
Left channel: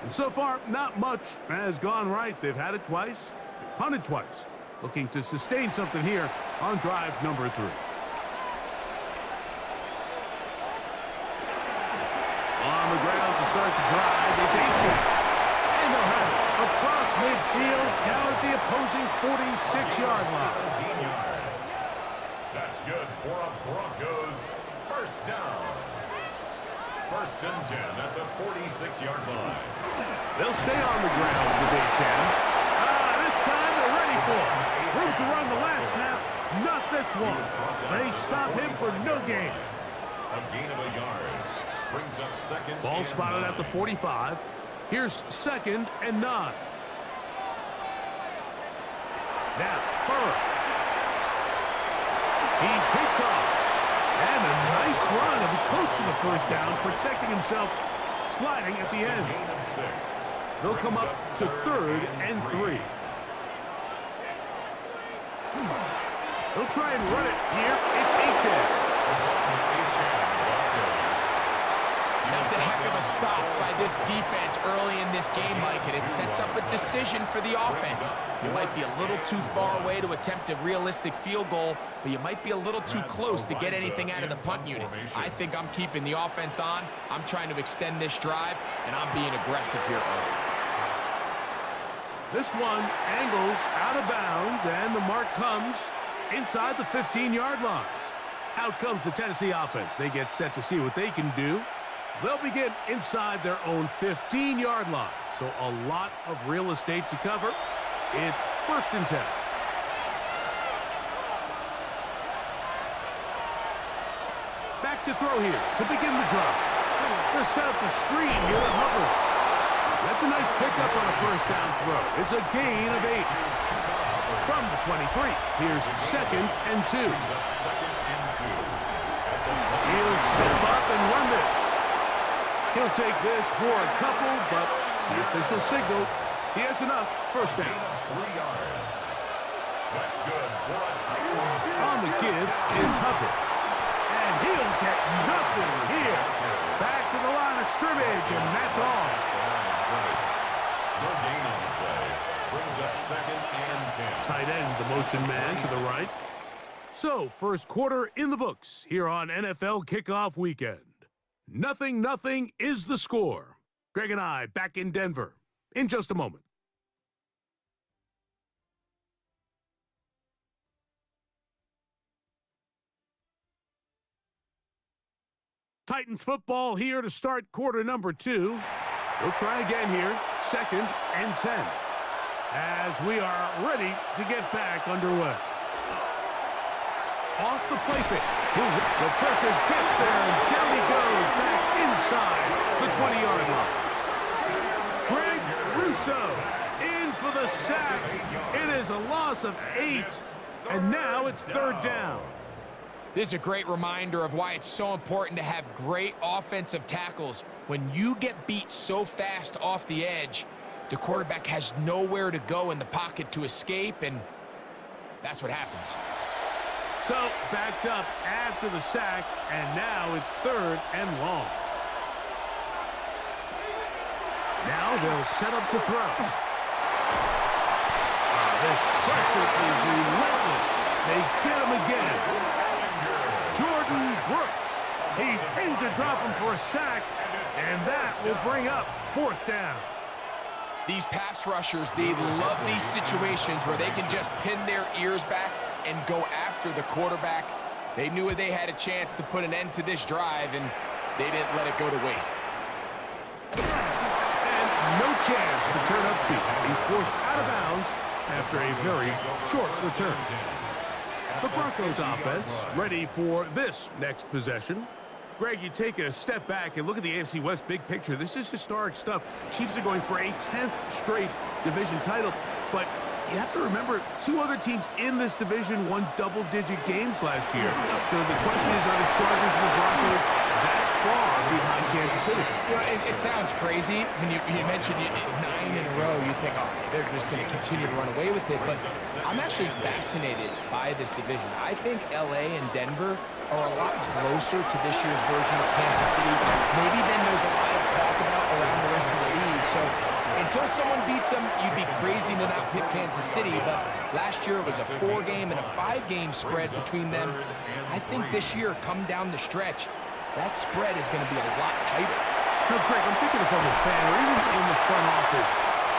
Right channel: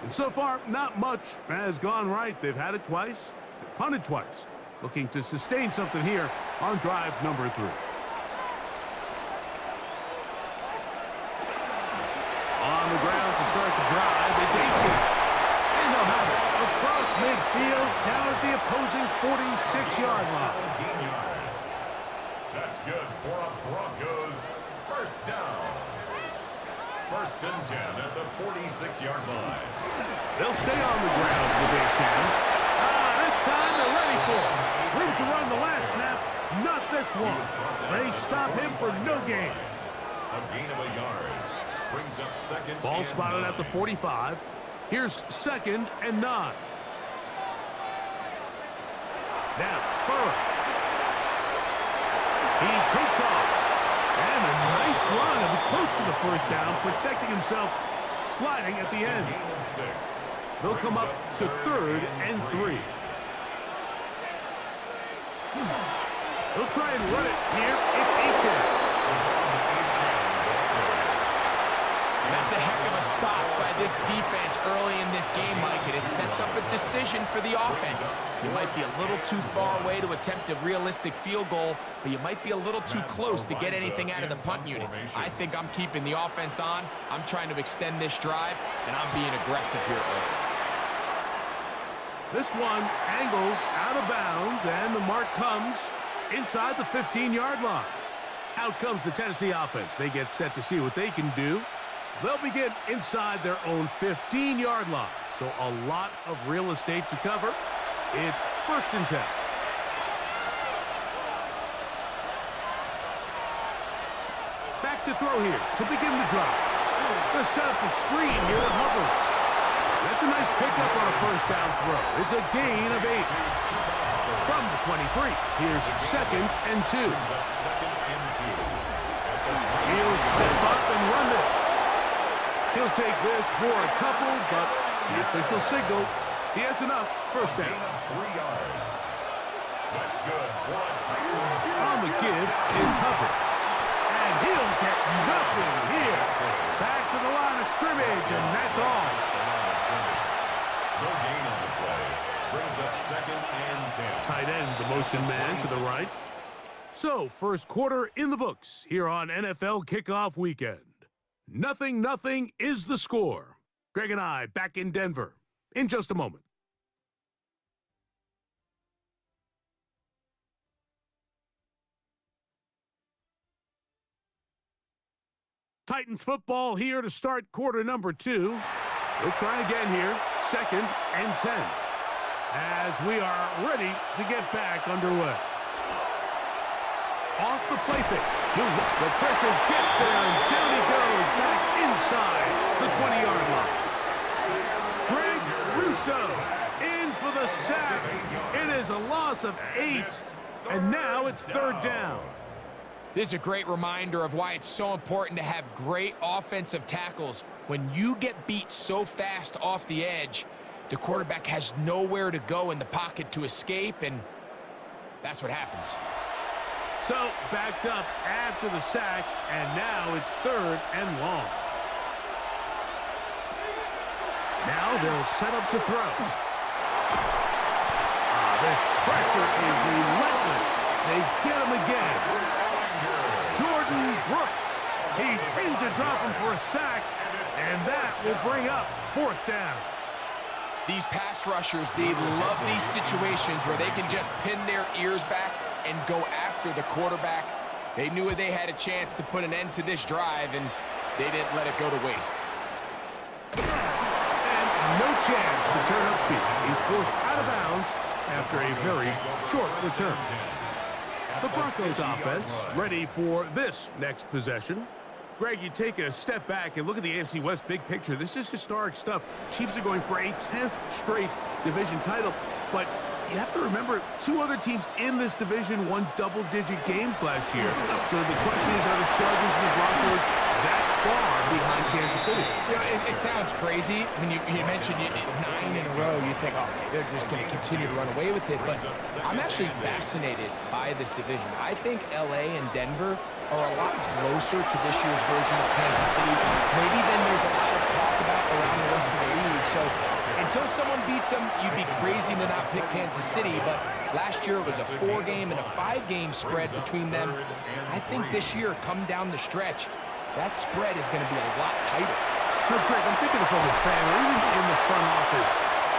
And so far, not much has gone right. They've had it twice, they've punted twice. Looking to sustain something here on drive number 3. On the ground to start the drive, it's Achane. And they'll have it across midfield, down at the opposing 46-yard line. 17 yards. That's good for a Broncos 1st down. 1st and 10 at the 46-yard line. They'll stay on the ground with Achane. This time they're ready for it. Room to run the last snap, not this one. They stop him for no gain. A gain of a yard. Brings up 2nd. Ball spotted at the 45. Here's 2nd and 9. Now, Burrow. He takes off. And a nice run. He'll be close to the 1st down, protecting himself, sliding at the end. Gain of 6. They'll come up to 3rd and 3. They'll try and run it here. It's Achane. That's a heck of a stop by this defense early in this game, Mike, and it sets up a decision for the offense. You might be a little too far away to attempt a realistic field goal, but you might be a little too close to get anything out of the punt unit. I think I'm keeping the offense on. I'm trying to extend this drive, and I'm being aggressive here early. This one angles out of bounds, and the mark comes inside the 15-yard line. Out comes the Tennessee offense. They get set to see what they can do. They'll begin inside their own 15-yard line. So a lot of real estate to cover. It's 1st and 10. Back to throw here to begin the drive. They'll set up the screen here to Hubbard. That's a nice pickup on a 1st down throw. It's a gain of 8. From the 23, here's 2nd and 2. He'll step up and run this. He'll take this for a couple, but The official signal. He has enough. First down. 3 yards. That's good for a Titans. On the give, it's Hubbard. And he'll get nothing here. Back to the line of scrimmage, and that's all. No gain on the play. Brings up 2nd and 10. Tight end, the motion man to the right. So, first quarter in the books here on NFL Kickoff Weekend. 0-0 is the score. Greg and I back in Denver in just a moment. Titans football here to start quarter number 2. They'll try again here, 2nd and 10. As we are ready to get back underway. Off the play fake. The pressure gets there, and down he goes back inside the 20-yard line. Greg Russo in for the sack. It is a loss of 8, and now it's 3rd down. This is a great reminder of why it's so important to have great offensive tackles. When you get beat so fast off the edge, the quarterback has nowhere to go in the pocket to escape, and that's what happens. So, backed up after the sack, and now it's 3rd and long. Now they'll set up to throw. This pressure is relentless. They get him again. Jordan Brooks. He's in to drop him for a sack, and that will bring up 4th down. These pass rushers, they love these situations where they can just pin their ears back and go after the quarterback. They knew they had a chance to put an end to this drive, and they didn't let it go to waste. And no chance to turn upfield. He's forced out of bounds after a very short return. The Broncos offense ready for this next possession. Greg, you take a step back and look at the AFC West big picture. This is historic stuff. Chiefs are going for a 10th straight division title, but you have to remember 2 other teams in this division won double-digit games last year. So the question is, are the Chargers and the Broncos that far behind Kansas City? You know, it sounds crazy. When you mentioned 9 in a row, you think, oh, they're just going to continue to run away with it. But I'm actually fascinated by this division. I think LA and Denver are a lot closer to this year's version of Kansas City. Maybe then there's a lot of talk about around the rest of the league. So until someone beats them, you'd be crazy to not pick Kansas City. But last year it was a 4-game and a 5-game spread between them. I think this year, come down the stretch, that spread is going to be a lot tighter. No, Greg, I'm thinking if I'm a fan or even in the front office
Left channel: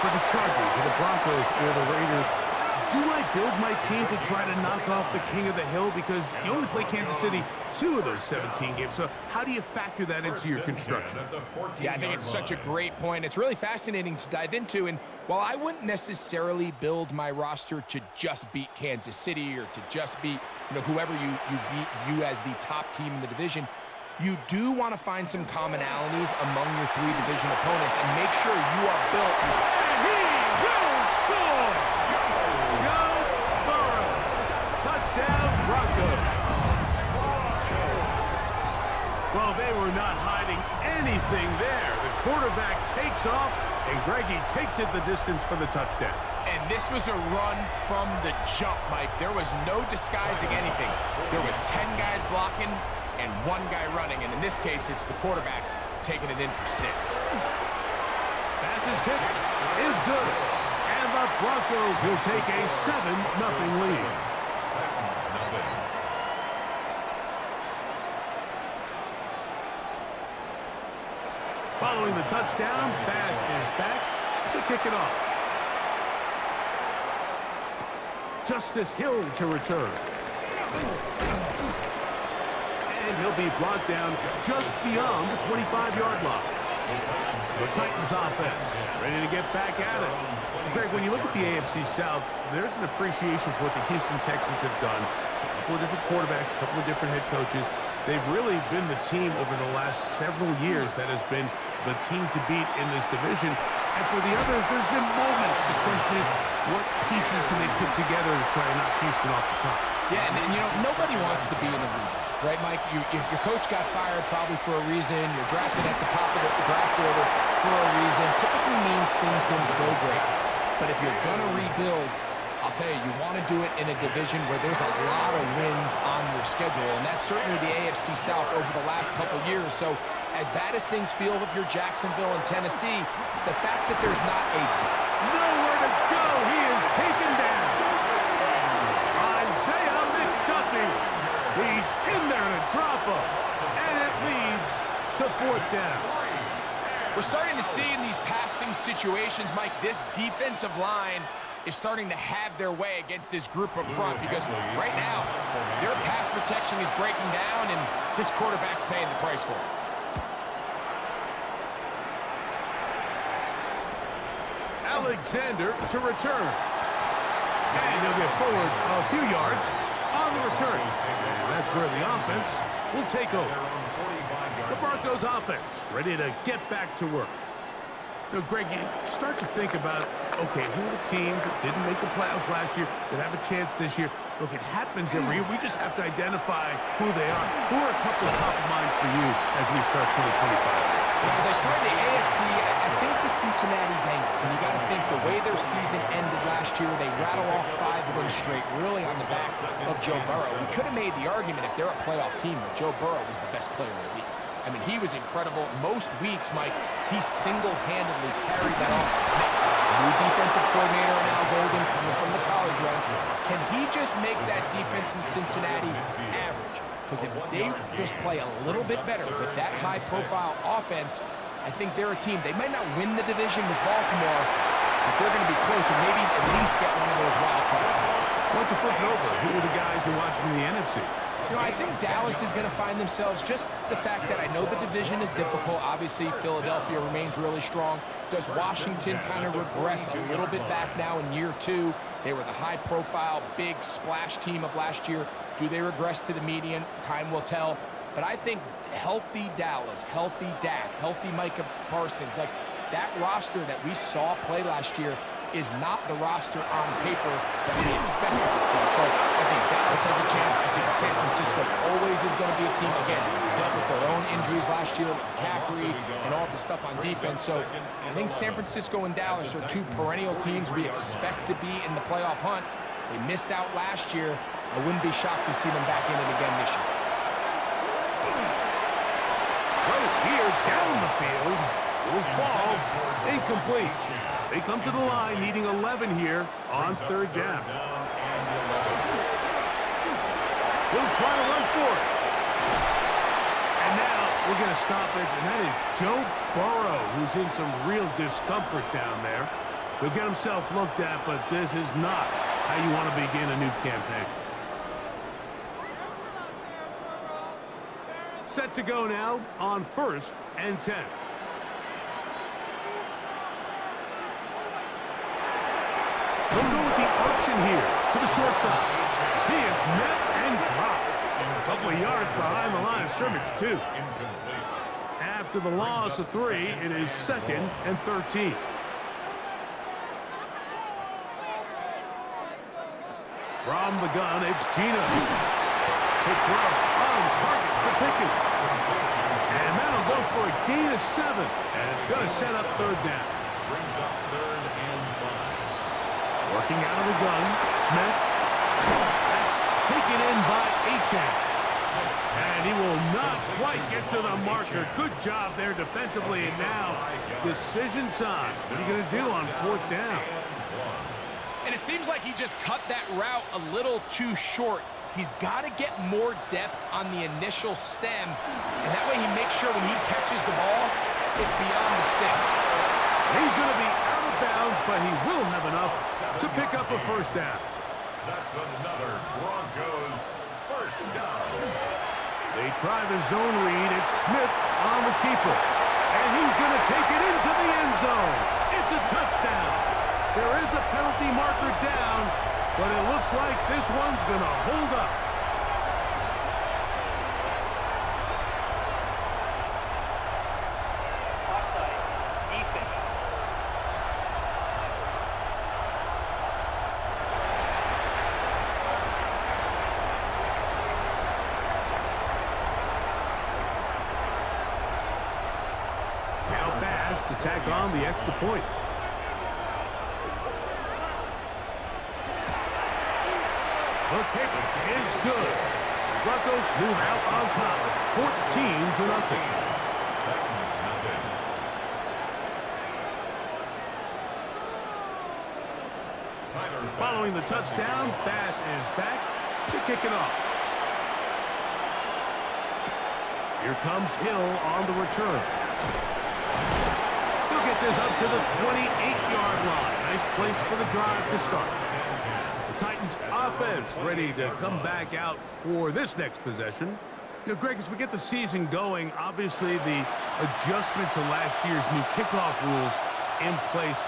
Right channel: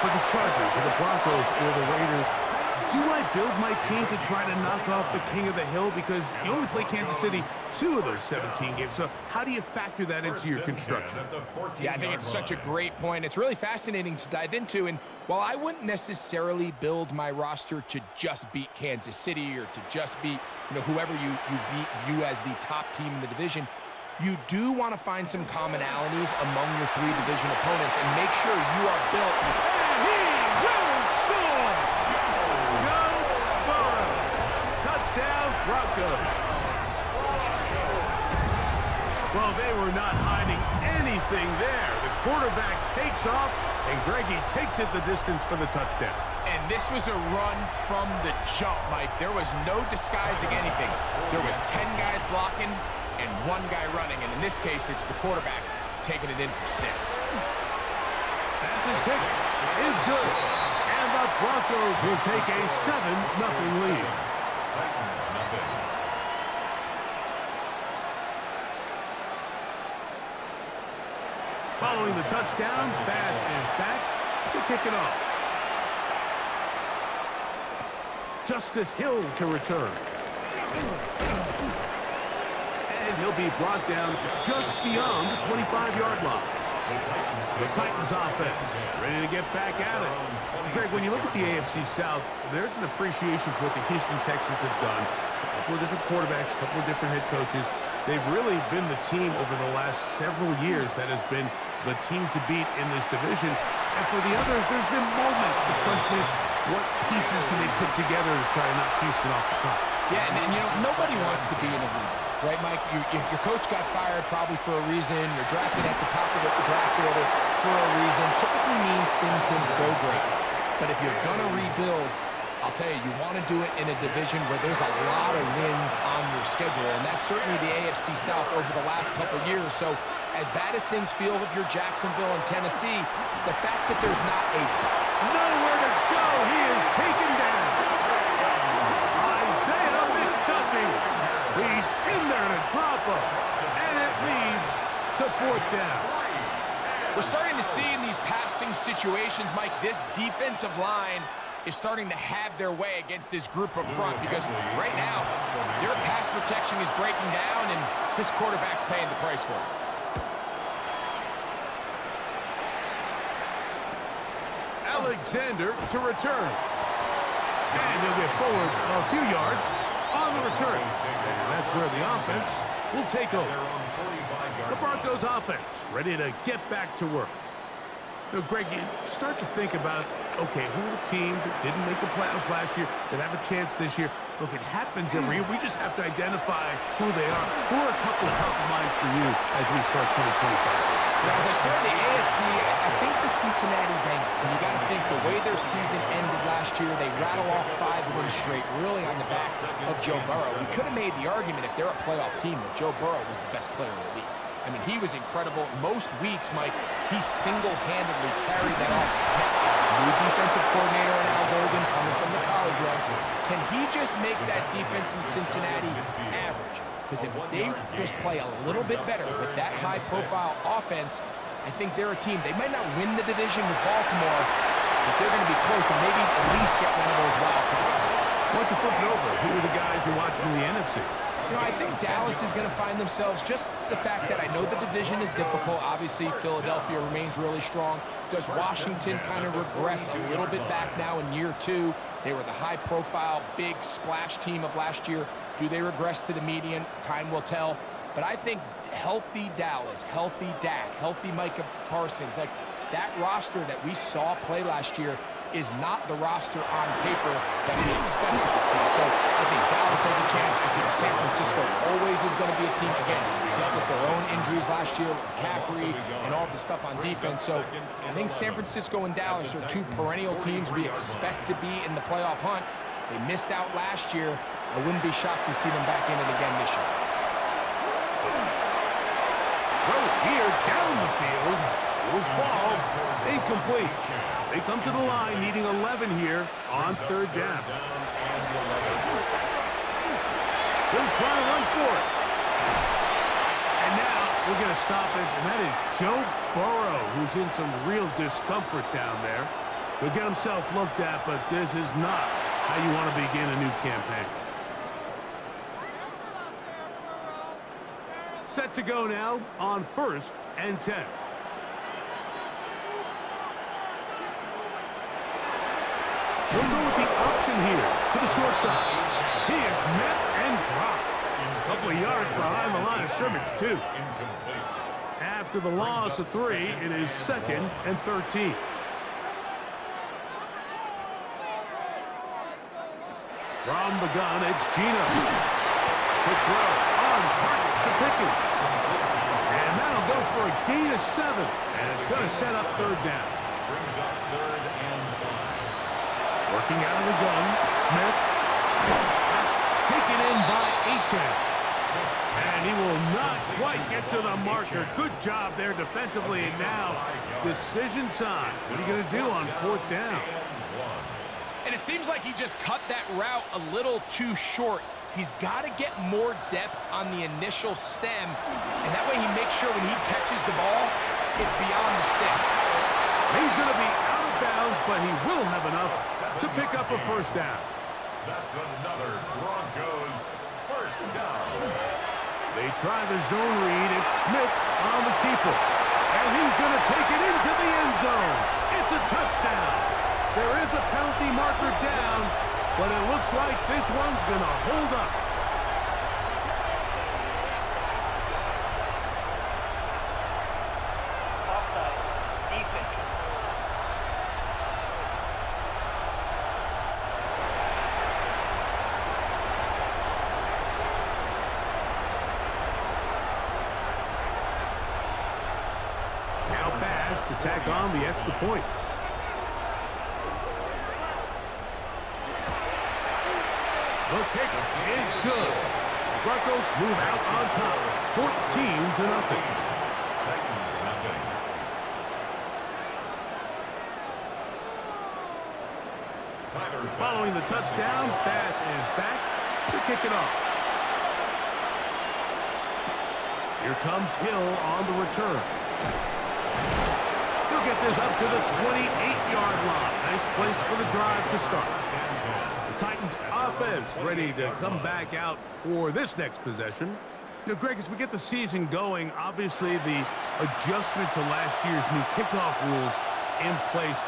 for the Chargers or the Broncos or the Raiders, do I build my team to try to knock off the king of the hill? Because you only play Kansas City 2 of those 17 games. So how do you factor that into your construction? Yeah, I think it's such a great point. It's really fascinating to dive into. And while I wouldn't necessarily build my roster to just beat Kansas City or to just beat, whoever you view as the top team in the division, you do want to find some commonalities among your 3 division opponents and make sure you are built. And he will score! Touchdown, Broncos. Well, they were not hiding anything there. The quarterback takes off, and Greggy takes it the distance for the touchdown. And this was a run from the jump, Mike. There was no disguising anything. There was 10 guys blocking and 1 guy running, and in this case, it's the quarterback taking it in for 6. Pass kick is good, and the Broncos will take a 7-0 lead. Titans, nothing. Following the touchdown, Bass is back to kick it off. Justice Hill to return. And he'll be brought down just beyond the 25-yard line. The Titans offense ready to get back at it. Greg, when you look at the AFC South, there's an appreciation for what the Houston Texans have done. A couple of different quarterbacks, a couple of different head coaches. They've really been the team over the last several years that has been the team to beat in this division. And for the others, there's been moments. The question is, what pieces can they put together to try and knock Houston off the top? Yeah, and nobody wants to be in a league, right, Mike? Your coach got fired probably for a reason. You're drafted at the top of the draft order. for a reason typically means things didn't go great. But if you're going to rebuild, I'll tell you, you want to do it in a division where there's a lot of wins on your schedule, and that's certainly the AFC South over the last couple years. So as bad as things feel if you're Jacksonville and Tennessee, the fact that there's not a... Nowhere to go. He is taken down. Isaiah McDuffie. He's in there to drop him, and it leads to 4th down. We're starting to see in these passing situations, Mike, this defensive line is starting to have their way against this group up front, because right now their pass protection is breaking down, and this quarterback's paying the price for it. Alexander to return. And he'll get forward a few yards on the return. And that's where the offense will take over. The Broncos offense ready to get back to work. So, Greg, you start to think about, okay, who are the teams that didn't make the playoffs last year that have a chance this year? Look, it happens every year. We just have to identify who they are. Who are a couple top of mind for you as we start 2025? Now, as I start the AFC, I think the Cincinnati Bengals, and you got to think the way their season ended last year, they rattle off 5 wins straight, really on the back of Joe Burrow. We could have made the argument, if they're a playoff team, that Joe Burrow was the best player in the league. I mean, he was incredible. Most weeks, Mike, he single-handedly carried that offense. Now, new defensive coordinator in Al Golden coming from the college ranks. Can he just make that defense in Cincinnati average? Because if they just play a little bit better with that high-profile offense, I think they're a team. They might not win the division with Baltimore, but they're going to be close and maybe at least get one of those wild card spots. Why don't you flip it over? Who are the guys you're watching in the NFC? You know, I think Dallas is going to find themselves, just the fact that I know the division is difficult. Obviously, Philadelphia remains really strong. Does Washington kind of regress a little bit back now in year 2? They were the high-profile, big splash team of last year. Do they regress to the median? Time will tell. But I think healthy Dallas, healthy Dak, healthy Micah Parsons, like that roster that we saw play last year is not the roster on paper that we expected to see. So I think Dallas has a chance. I think San Francisco always is going to be a team, again, dealt with their own injuries last year with McCaffrey and all the stuff on defense. So I think San Francisco and Dallas are 2 perennial teams we expect to be in the playoff hunt. They missed out last year. I wouldn't be shocked to see them back in it again this year. Throw here down the field. Will fall. Incomplete. They come to the line needing 11 here on 3rd down. They'll try to run for it. And now we're going to stop it, and that is Joe Burrow, who's in some real discomfort down there. He'll get himself looked at, but this is not how you want to begin a new campaign. Set to go now on 1st and 10. He'll go with the option here to the short side. He is met and dropped. A couple of yards behind the line of scrimmage, too. After the loss of 3, it is 2nd and 13. From the gun, it's Gino. Quick throw on target to Pickens. And that'll go for a gain of 7. And it's going to set up 3rd down. Brings up 3rd and 5. Working out of the gun, Smith. That's taken in by Achane. And he will not quite get to the marker. Good job there defensively. And now, decision time. What are you going to do on 4th down? And it seems like he just cut that route a little too short. He's got to get more depth on the initial stem. And that way he makes sure when he catches the ball, it's beyond the sticks. He's going to be out of bounds, but he will have enough to pick up a 1st down. That's another Broncos 1st down. They try the zone read. It's Smith on the keeper. And he's going to take it into the end zone. It's a touchdown. There is a penalty marker down, but it looks like this one's going to hold up. Offside. Defense. Now back pass to tack on the extra point. The kick is good. Broncos move out on top, 14-0. Titans nothing. Following the touchdown, Bass is back to kick it off. Here comes Hill on the return. He'll get this up to the 28-yard line. Nice place for the drive to start. The Titans offense ready to come back out for this next possession. You know, Greg, as we get the season going, obviously the adjustment to last year's new kickoff rules in place.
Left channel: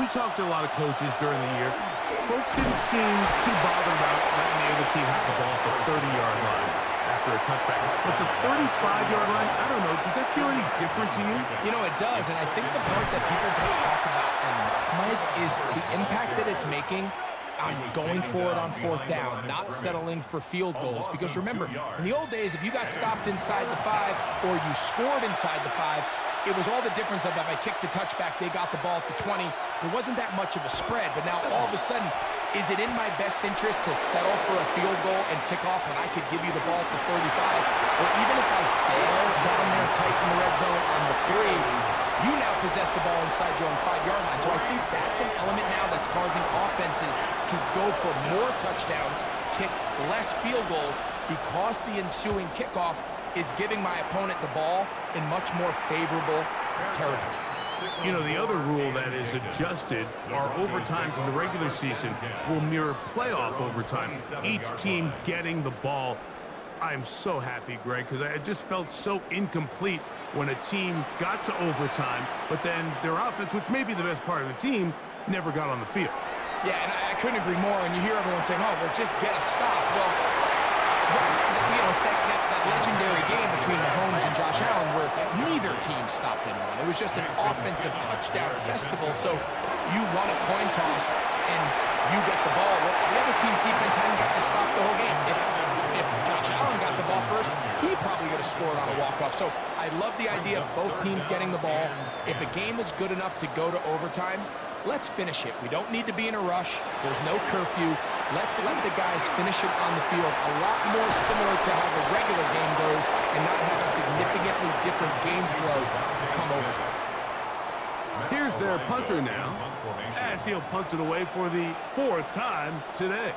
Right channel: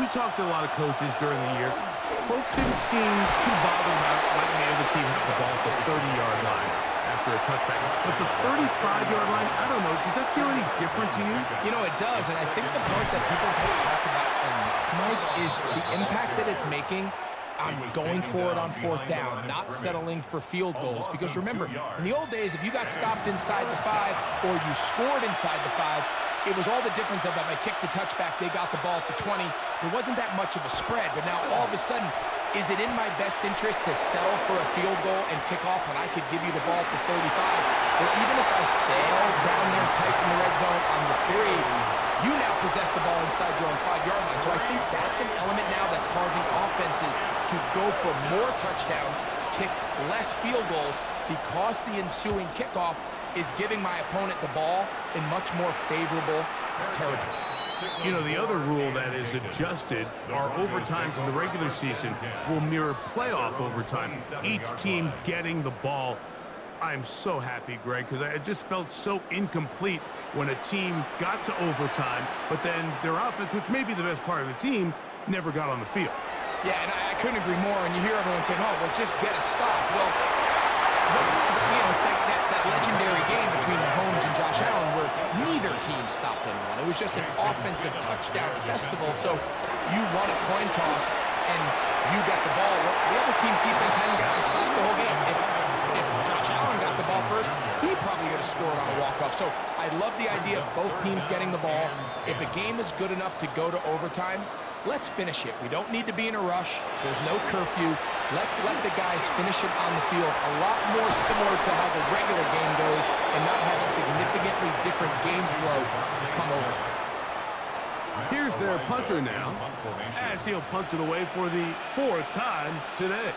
We talked to a lot of coaches during the year. Folks didn't seem too bothered about letting the other team have the ball at the 30-yard line after a touchback. But the 35-yard line, I don't know, does that feel any different to you? You know, it does, and I think the part that people don't talk about enough, Mike, is the impact that it's making on going for it on fourth down, not settling for field goals. Because remember, in the old days, if you got stopped inside the 5 or you scored inside the 5, it was all the difference of if I kicked a touchback, they got the ball at the 20. There wasn't that much of a spread, but now all of a sudden, is it in my best interest to settle for a field goal and kick off when I could give you the ball at the 35? Or even if I fail down there tight in the red zone on the 3, you now possess the ball inside your own 5-yard line. So I think that's an element now that's causing offenses to go for more touchdowns, kick less field goals, because the ensuing kickoff is giving my opponent the ball in much more favorable territory. You know, the other rule that is adjusted are overtimes in the regular season will mirror playoff overtime, each team getting the ball. I'm so happy, Greg, because I just felt so incomplete when a team got to overtime, but then their offense, which may be the best part of the team, never got on the field. Yeah, and I couldn't agree more. And you hear everyone saying, oh, well, just get a stop. Well, you know, it's that legendary game between Mahomes and Josh Allen where neither team stopped anyone. It was just an offensive touchdown festival. So you won a coin toss and you get the ball. Well, the other team's defense hadn't gotten to stop the whole game. If Josh Allen got the ball first, he probably would have scored on a walk-off. So I love the idea of both teams getting the ball. If a game is good enough to go to overtime, let's finish it. We don't need to be in a rush. There's no curfew. Let's let the guys finish it on the field. A lot more similar to how the regular game goes and not have significantly different game flow come overtime. Here's their punter now, as he'll punt it away for the 4th time today.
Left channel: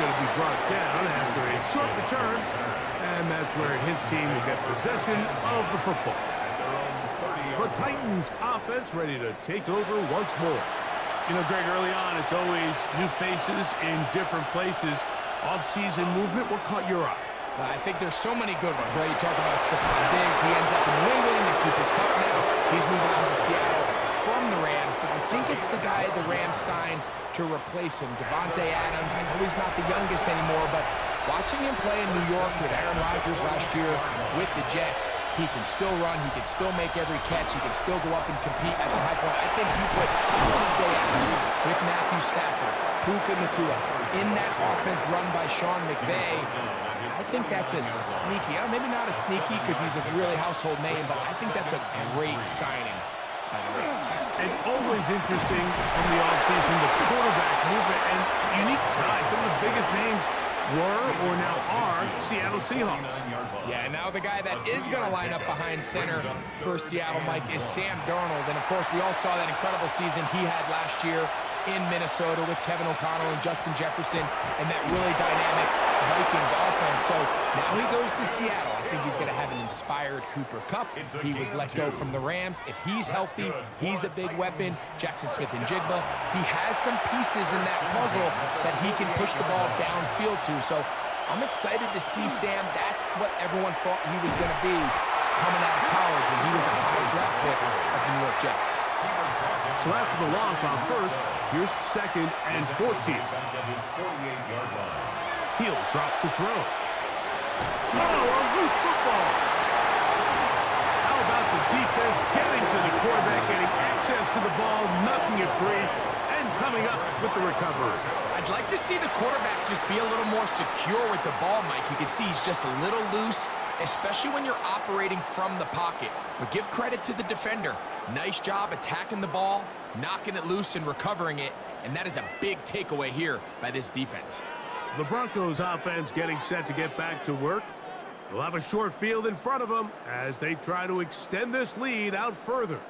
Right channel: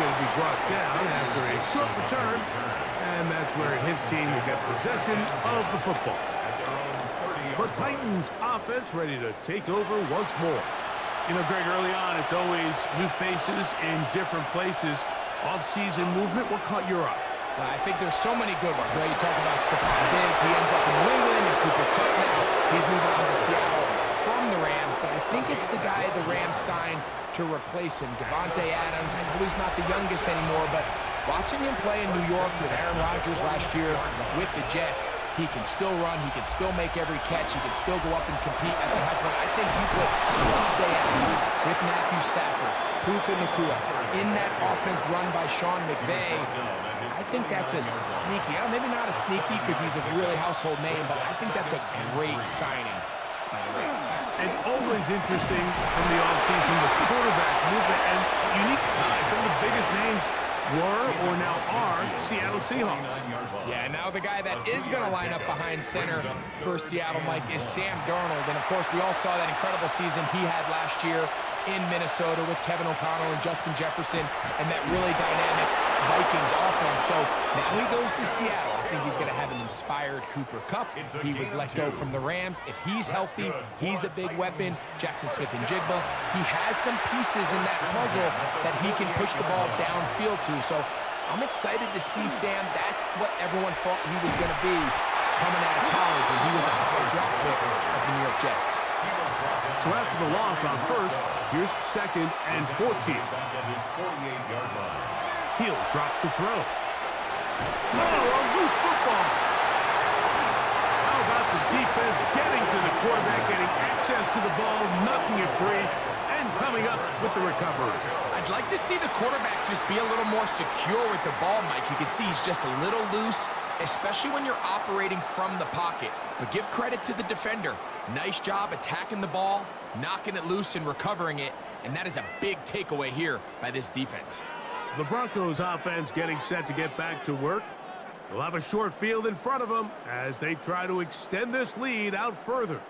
Going to be brought down after a short return, and that's where his team will get possession of the football. The Titans offense ready to take over once more. You know, Greg, early on, it's always new faces in different places. Off-season movement, what caught your eye? Well, I think there's so many good ones, right? You talk about Stephon Diggs. He ends up in New England, and Cooper Kupp now. He's moving on to Seattle from the Rams, but I think it's the guy the Rams signed to replace him, Davante Adams. I know he's not the youngest anymore, but watching him play in New York with Aaron Rodgers last year with the Jets, he can still run, he can still make every catch, he can still go up and compete at the high point. I think you put Davante Adams with Matthew Stafford, Puka Nacua, in that offense run by Sean McVay. I think that's a sneaky, maybe not a sneaky because he's a really household name, but I think that's a great signing. And always interesting from the offseason, the quarterback movement and unique ties. Some of the biggest names were or now are Seattle Seahawks. Yeah, now the guy that is going to line up behind center for Seattle, Mike, is Sam Darnold. And, of course, we all saw that incredible season he had last year in Minnesota with Kevin O'Connell and Justin Jefferson and that really dynamic Vikings offense. So now he goes to Seattle. I think he's going to have an inspired Cooper Kupp. He was let go from the Rams. If he's healthy, he's a big weapon. Jaxon Smith-Njigba. He has some pieces in that puzzle that he can push the ball downfield to. So I'm excited to see Sam. That's what everyone thought he was going to be coming out of college when he was a high draft pick of the New York Jets. So after the loss on first, here's 2nd and 14. He'll drop to throw. Oh, a loose football. How about the defense getting to the quarterback, getting access to the ball, knocking it free, and coming up with the recovery. I'd like to see the quarterback just be a little more secure with the ball, Mike. You can see he's just a little loose, especially when you're operating from the pocket. But give credit to the defender. Nice job attacking the ball, knocking it loose and recovering it, and that is a big takeaway here by this defense. The Broncos offense getting set to get back to work. They'll have a short field in front of them as they try to extend this lead out further.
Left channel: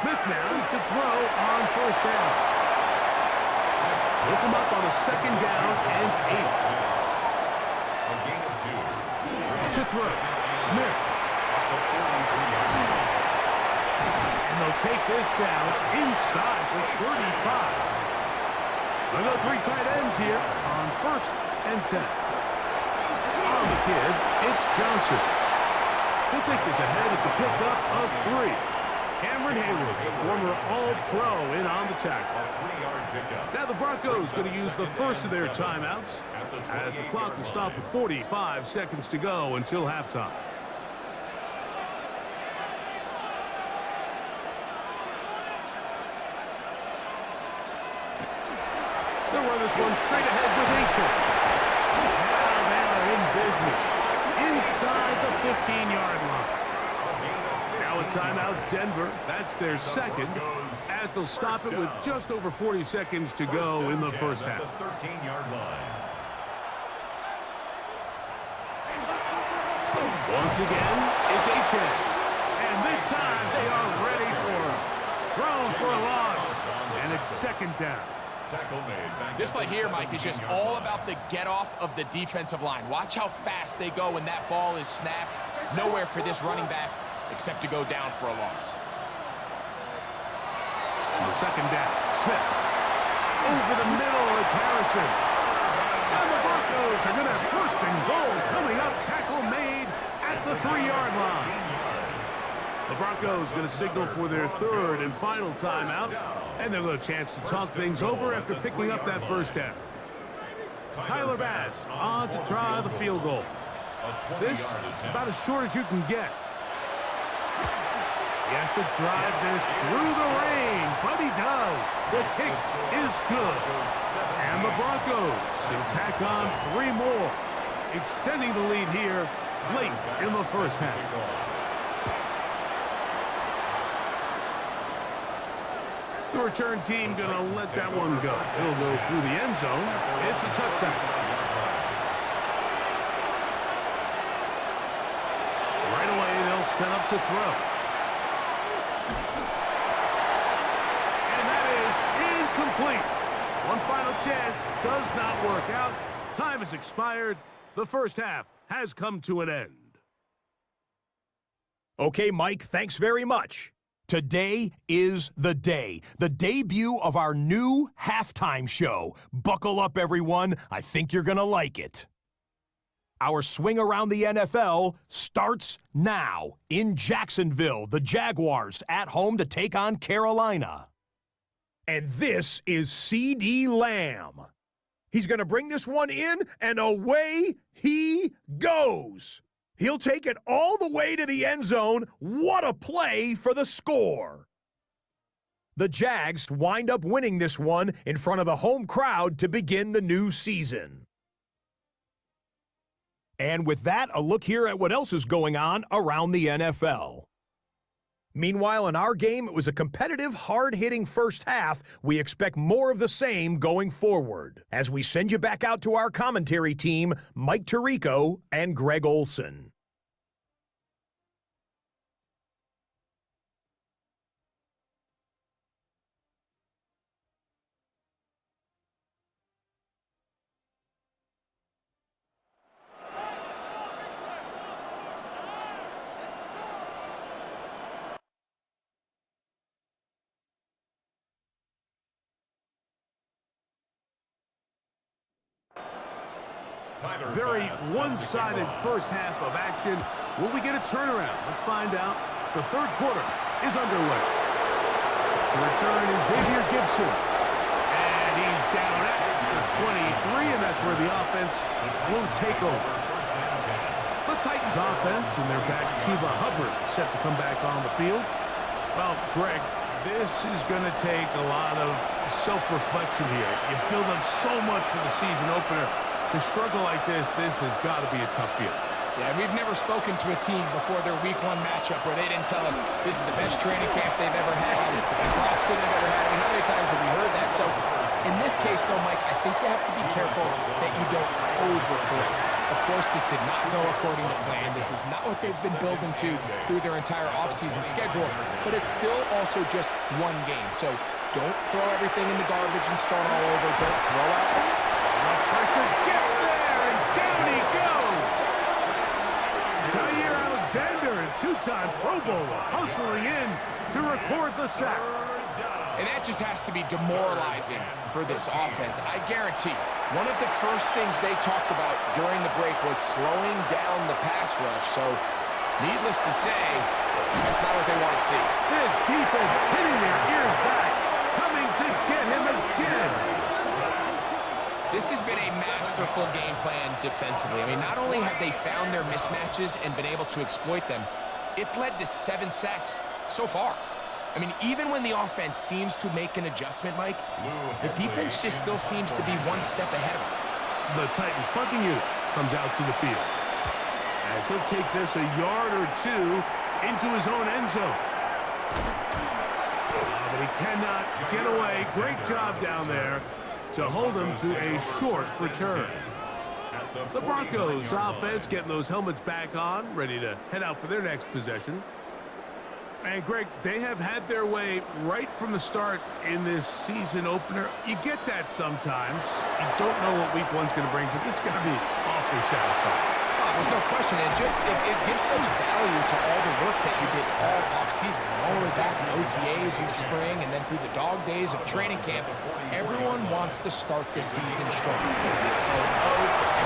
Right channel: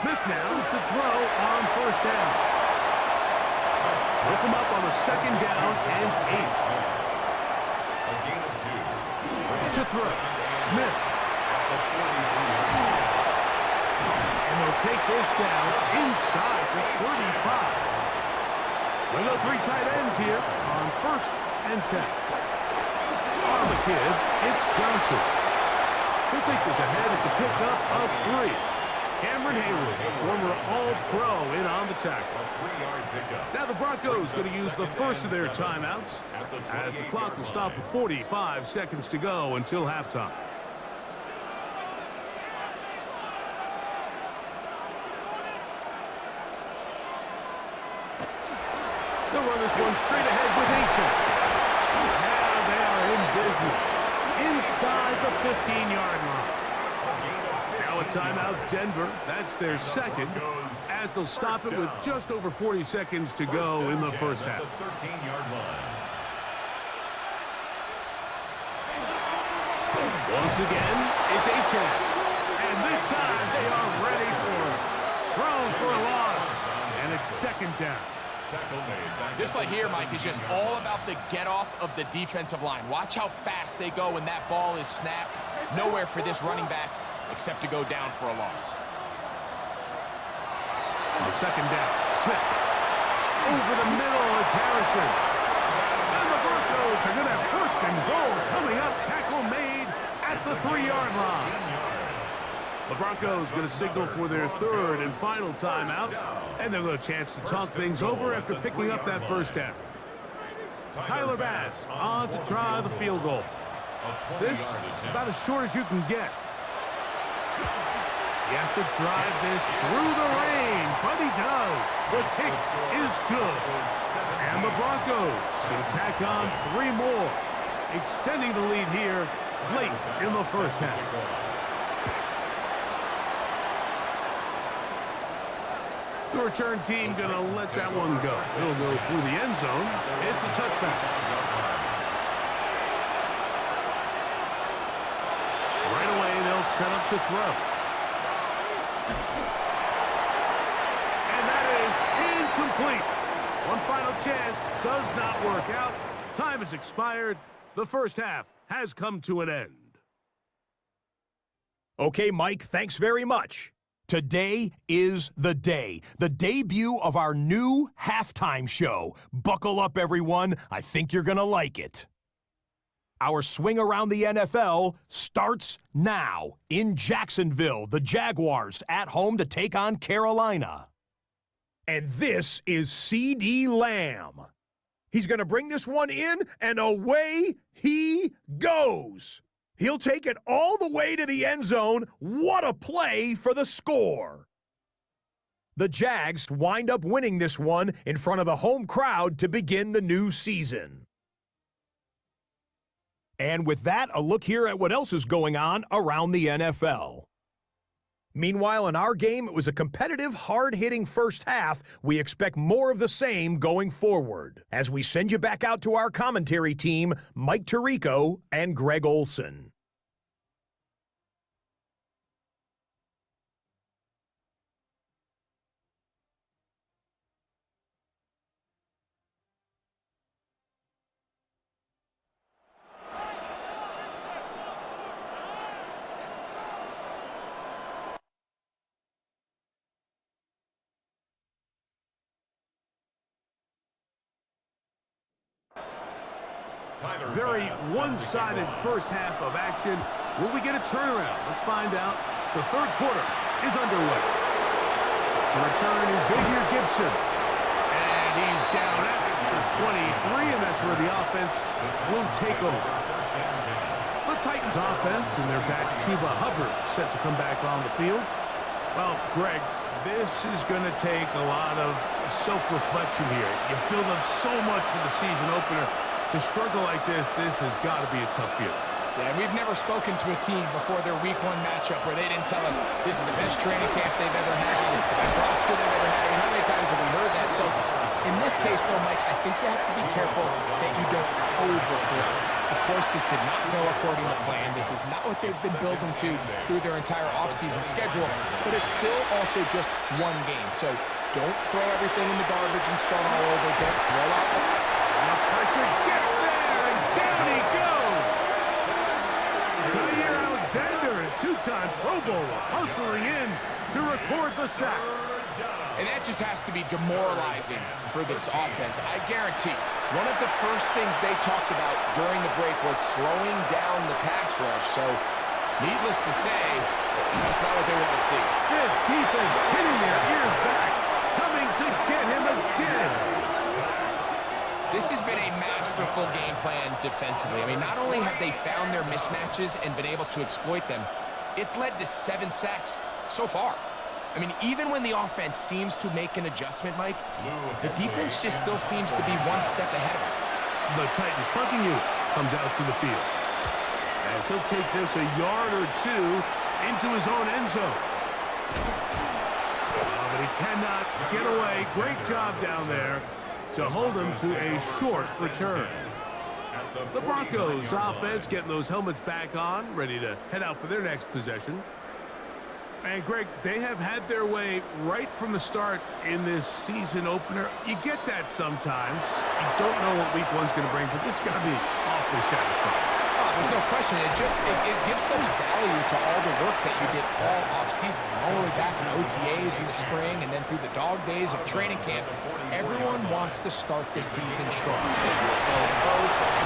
Smith now to throw on first down. Look him up on a second down and 8. A gain of 2. To throw, Smith. And they'll take this down inside the 35. They'll go 3 tight ends here on first and 10. On the give, it's Johnson. He'll take this ahead. It's a pickup of 3. Cameron Hayward, the former All-Pro, in on the tackle. A 3-yard pickup. Now the Broncos going to use the first of their timeouts as the clock will stop with 45 seconds to go until halftime. They'll run this one straight ahead with Aiken. Now they are in business inside the 15-yard line. Now a timeout, Denver. That's their second, as they'll stop it with just over 40 seconds to go in the first half. 13-yard line. Once again, it's Aiken. And this time they are ready for him. Thrown for a loss. And it's second down. This play here, Mike, is just all about the get-off of the defensive line. Watch how fast they go when that ball is snapped. Nowhere for this running back except to go down for a loss. On second down, Smith. Over the middle, it's Harrison. And the Broncos are going to have first and goal coming up. Tackle made at the 3-yard line. The Broncos going to signal for their third and final timeout. And they'll get a chance to talk things over after picking up that first down. Tyler Bass on to try the field goal. This about as short as you can get. He has to drive this through the rain, but he does. The kick is good. And the Broncos can tack on 3 more, extending the lead here late in the first half. The return team going to let that one go. It'll go through the end zone. It's a touchback. Right away, they'll set up to throw. And that is incomplete. One final chance does not work out. Time has expired. The first half has come to an end. Okay, Mike, thanks very much. Today is the day, the debut of our new halftime show. Buckle up, everyone. I think you're going to like it. Our swing around the NFL starts now in Jacksonville. The Jaguars at home to take on Carolina. And this is CeeDee Lamb. He's going to bring this one in, and away he goes. He'll take it all the way to the end zone. What a play for the score. The Jags wind up winning this one in front of the home crowd to begin the new season. And with that, a look here at what else is going on around the NFL. Meanwhile, in our game, it was a competitive, hard-hitting first half. We expect more of the same going forward as we send you back out to our commentary team, Mike Tirico and Greg Olson. Very one-sided first half of action. Will we get a turnaround? Let's find out. The third quarter is underway. Set to return is Xavier Gibson. And he's down at the 23, and that's where the offense will take over. The Titans offense and their back Chuba Hubbard set to come back on the field. Well, Greg, this is going to take a lot of self-reflection here. You build up so much for the season opener. To struggle like this has got to be a tough feeling. Yeah, we've never spoken to a team before their week 1 matchup where they didn't tell us this is the best training camp they've ever had, it's the best roster they've ever had. I mean, how many times have we heard that? So in this case, though, Mike, I think you have to be careful that you don't overcorrect. Of course, this did not go according to plan. This is not what they've been building to through their entire offseason schedule, but it's still also just one game. So don't throw everything in the garbage and start all over. Don't throw out. The pressure gets there, and down he goes. Jair Alexander, a 2-time Pro Bowler, hustling in to record the sack. And that just has to be demoralizing for this offense. I guarantee one of the first things they talked about during the break was slowing down the pass rush. So, needless to say, that's not what they want to see. This defense hitting their ears back, coming to get him again. This has been a masterful game plan defensively. I mean, not only have they found their mismatches and been able to exploit them, it's led to 7 sacks so far. I mean, even when the offense seems to make an adjustment, Mike, the defense just still seems to be one step ahead of them. The Titans punching unit comes out to the field, as he'll take this a yard or 2 into his own end zone. But he cannot get away. Great job down there to hold him to a short return. The Broncos offense getting those helmets back on, ready to head out for their next possession. And, Greg, they have had their way right from the start in this season opener. You get that sometimes. You don't know what week 1's going to bring, but this is going to be awfully satisfying. Oh, there's no question. It gives such value to all the work that you did all offseason. All the way back in OTAs in the spring and then through the dog days of training camp. Everyone wants to start the season strong.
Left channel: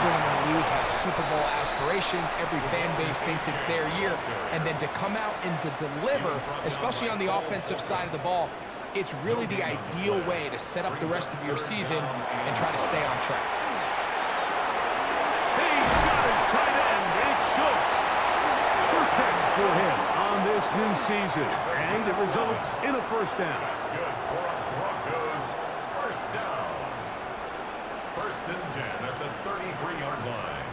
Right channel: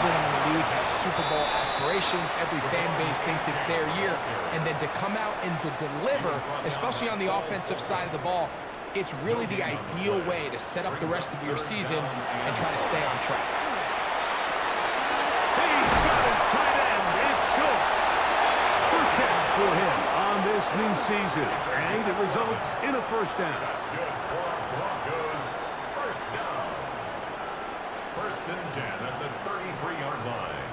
Everyone in the league has Super Bowl aspirations. Every fan base thinks it's their year. And then to come out and to deliver, especially on the offensive side of the ball, it's really the ideal way to set up the rest of your season and try to stay on track. He's got his tight end. It's Schultz. First catch for him on this new season, and it results in a first down. That's good for a Broncos first down. 1st and 10 at the 33-yard line.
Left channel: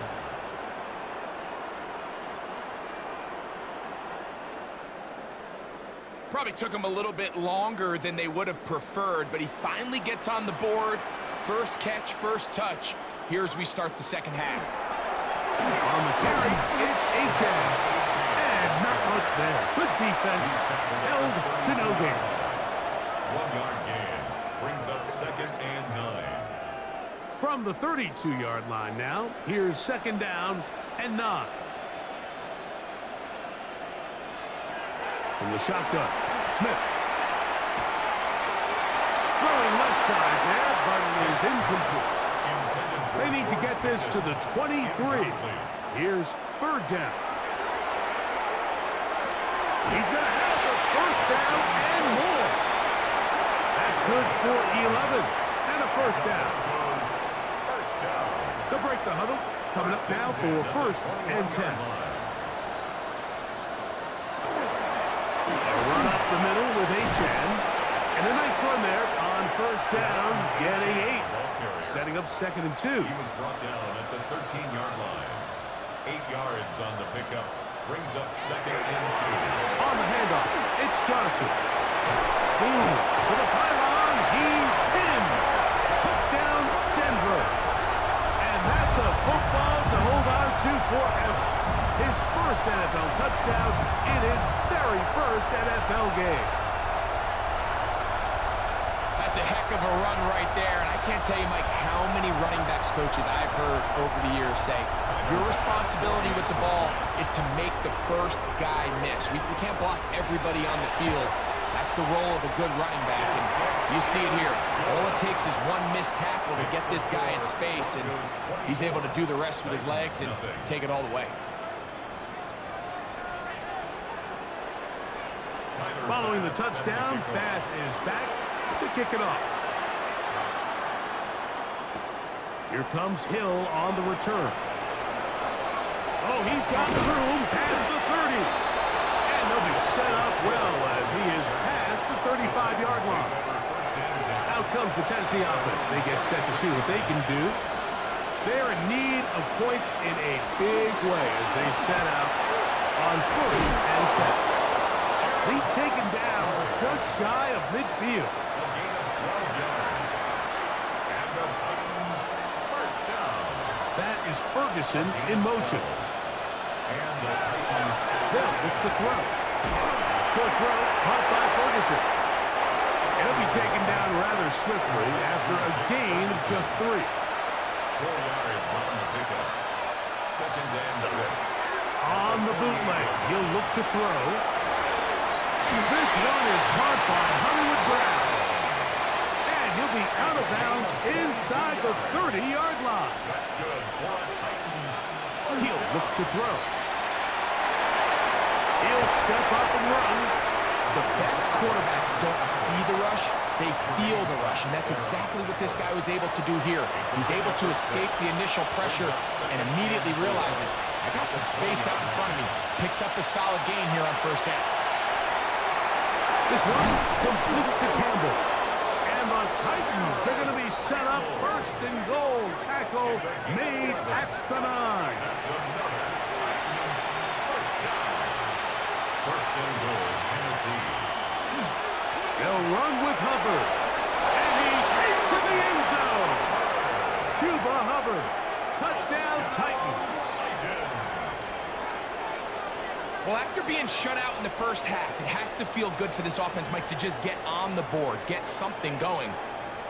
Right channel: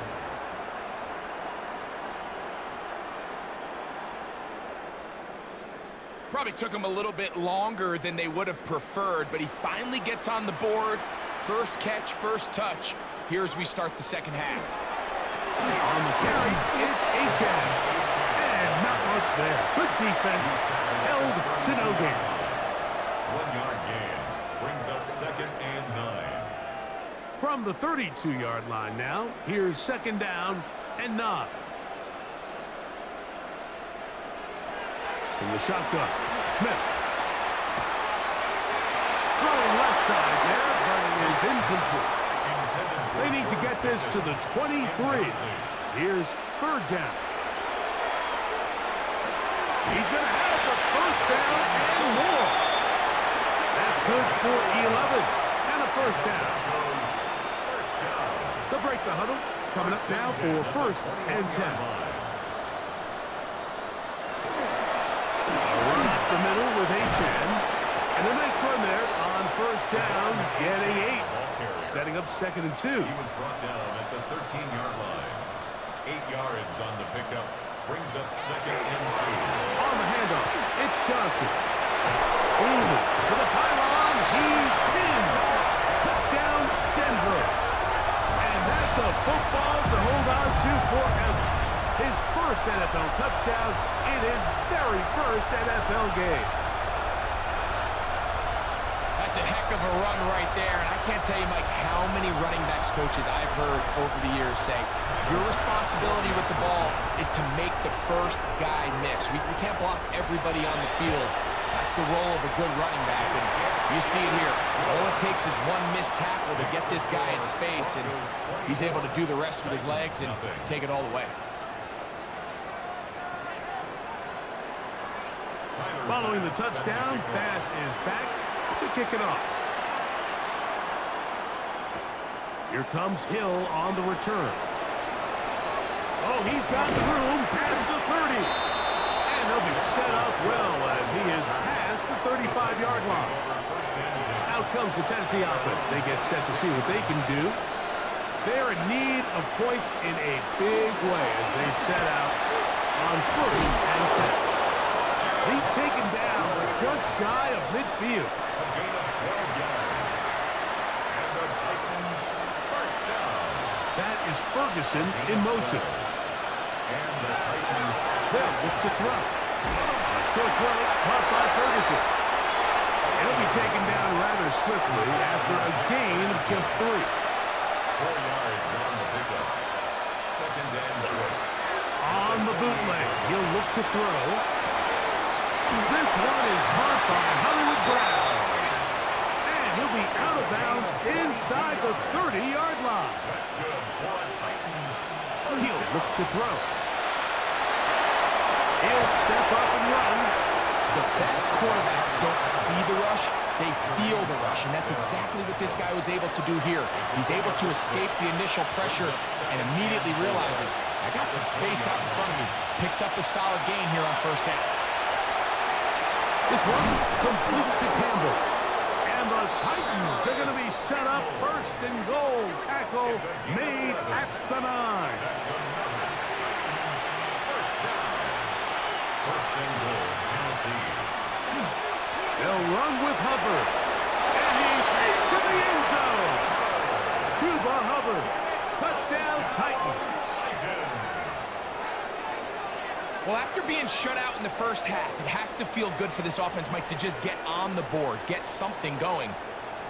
Probably took him a little bit longer than they would have preferred, but he finally gets on the board. First catch, first touch. Here as we start the second half. On the carry, it's Rachaad. And not much there. Good defense. Held to no gain. 1-yard gain brings up 2nd and 9. From the 32-yard line now, here's 2nd down and 9. From the shotgun, Smith. Throwing left side there, but it is incomplete. They need to get this to the 23. Here's 3rd down. He's going to have the first down and more. That's good for 11 and a first down. They'll break the huddle. Coming up now for 1st and 10. A run up the middle with Rachaad. And a nice run there on 1st down, getting 8. Setting up 2nd and 2. He was brought down at the 13-yard line. 8 yards on the pickup. Brings up 2nd and 2. On the handoff, it's Johnson. To the pylons, he's pinned. Touchdown, Denver. And that's a football to hold on to forever. His first NFL touchdown in his very first NFL game. That's a heck of a run right there, and I can't tell you, Mike, how many running backs coaches I've heard over the years say, your responsibility with the ball is to make the first guy miss. We can't block everybody on the field. That's the role of a good running back, and you see it here. All it takes is one missed tackle to get this guy in space, and he's able to do the rest with his legs and take it all the way. Following the touchdown, Bass is back to kick it off. Here comes Hill on the return. Oh, he's got room past the 30. And they'll be set up well as he is past the 35-yard line. Out comes the Tennessee offense. They get set to see what they can do. They're in need of points in a big way as they set out on 1st and 10. He's taken down just shy of midfield. A gain of 12 yards. And the Titans first down. That is Ferguson in motion. And the Titans They'll look to throw. A short throw caught by Ferguson. It'll be taken down rather swiftly after a gain of just 3. 4 yards on the pickup. 2nd and 6. On the bootleg, he'll look to throw. This one is caught by Hollywood Brown. And he'll be out of bounds inside the 30-yard line. That's good for a Titans. He'll look to throw. He'll step up and run. The best quarterbacks don't see the rush, they feel the rush, and that's exactly what this guy was able to do here. He's able to escape the initial pressure and immediately realizes, I got some space out in front of me. Picks up a solid gain here on 1st down. This one complete to Campbell. And the Titans are going to be set up 1st and goal. Tackle made at the 9. That's another Titans first down. 1st and goal, Tennessee. They'll run with Hubbard. And he's into the end zone. Chuba Hubbard. Touchdown, Titans. Well, after being shut out in the first half, it has to feel good for this offense, Mike, to just get on the board, get something going.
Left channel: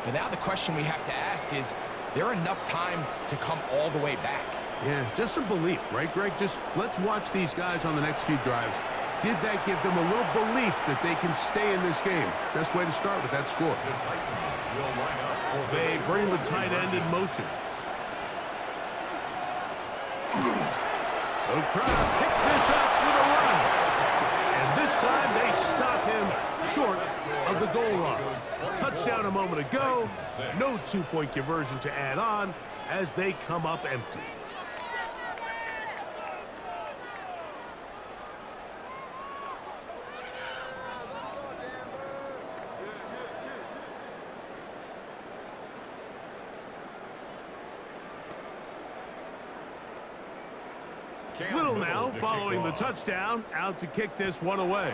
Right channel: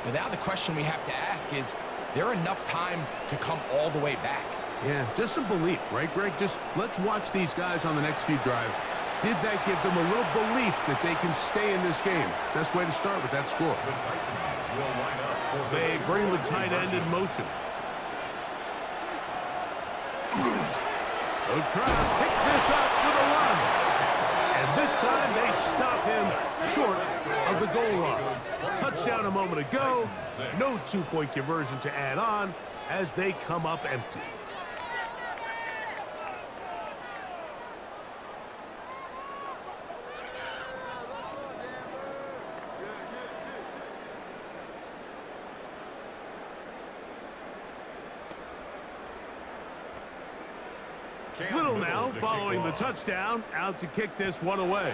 But now the question we have to ask is there enough time to come all the way back? Yeah, just some belief, right, Greg? Just let's watch these guys on the next few drives. Did that give them a little belief that they can stay in this game? Best way to start with that score. The Titans will line up for They bring the tight end in motion. They'll try to pick this up with a run. And this time they stop him short of the goal line. Touchdown a moment ago. No two-point conversion to add on as they come up empty. Little now following the touchdown, out to kick this one away.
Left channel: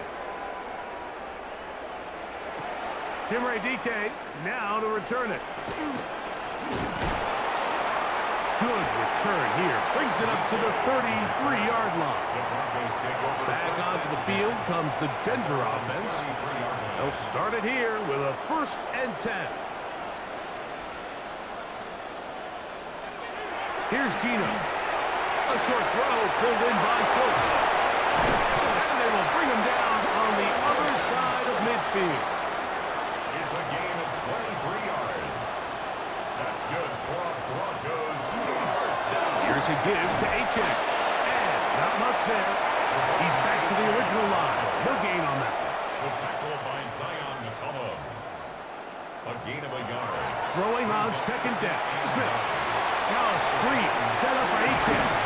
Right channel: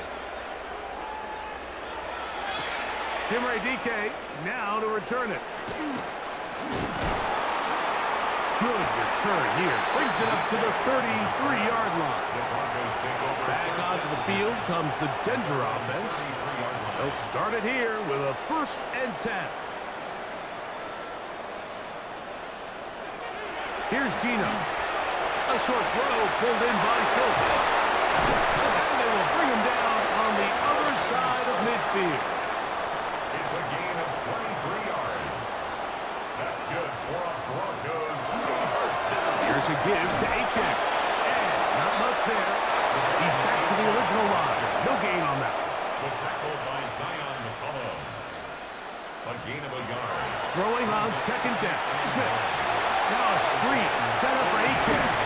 Jimray DK now to return it. Good return here. Brings it up to the 33-yard line. Back onto the field comes the Denver offense. They'll start it here with a 1st and 10. Here's Gino. A short throw pulled in by Schultz. And they will bring him down on the other side of midfield. It's a gain of 23 yards. That's good for a Broncos first down. Here's a give to Achek. And not much there. He's back to the original line. No gain on that one. The tackle by Zion McCollum. A gain of a yard. Throwing on 2nd down. Smith. Now a screen set up for Achek.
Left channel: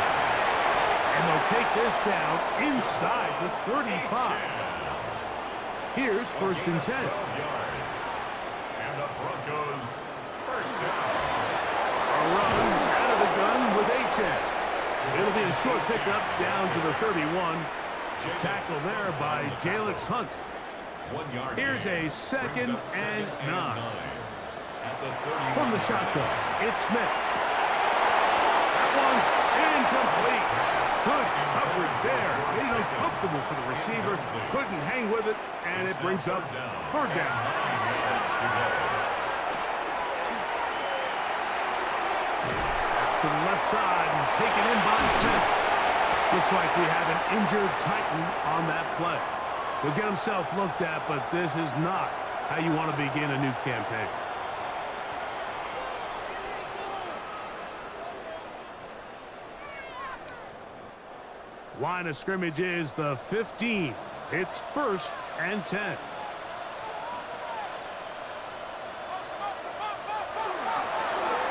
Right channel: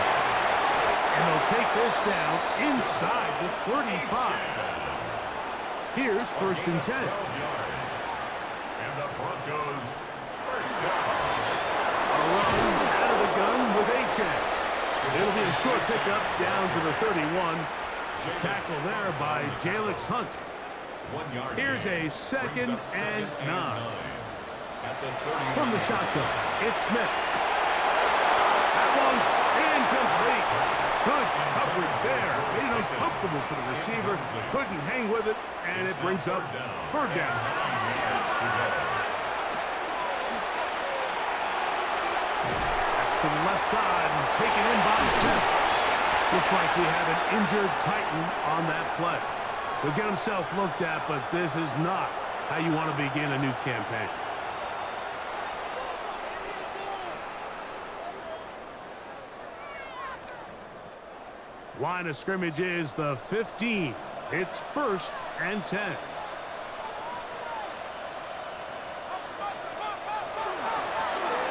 And they'll take this down inside the 35. Here's 1st and 10. 12 yards. And the Broncos first down. A run out of the gun with Achek. It'll be a short pickup down to the 31. Tackle there by Jalix Hunt. 1 yard. Here's a 2nd and 9. From the shotgun, it's Smith. That one's incomplete. Good coverage there. Made it uncomfortable for the receiver. Couldn't hang with it, and it brings up 3rd down. That's to the left side and taken in by Smith. Looks like we have an injured Titan on that play. He'll get himself looked at, but this is not how you want to begin a new campaign. Line of scrimmage is the 15. It's 1st and 10.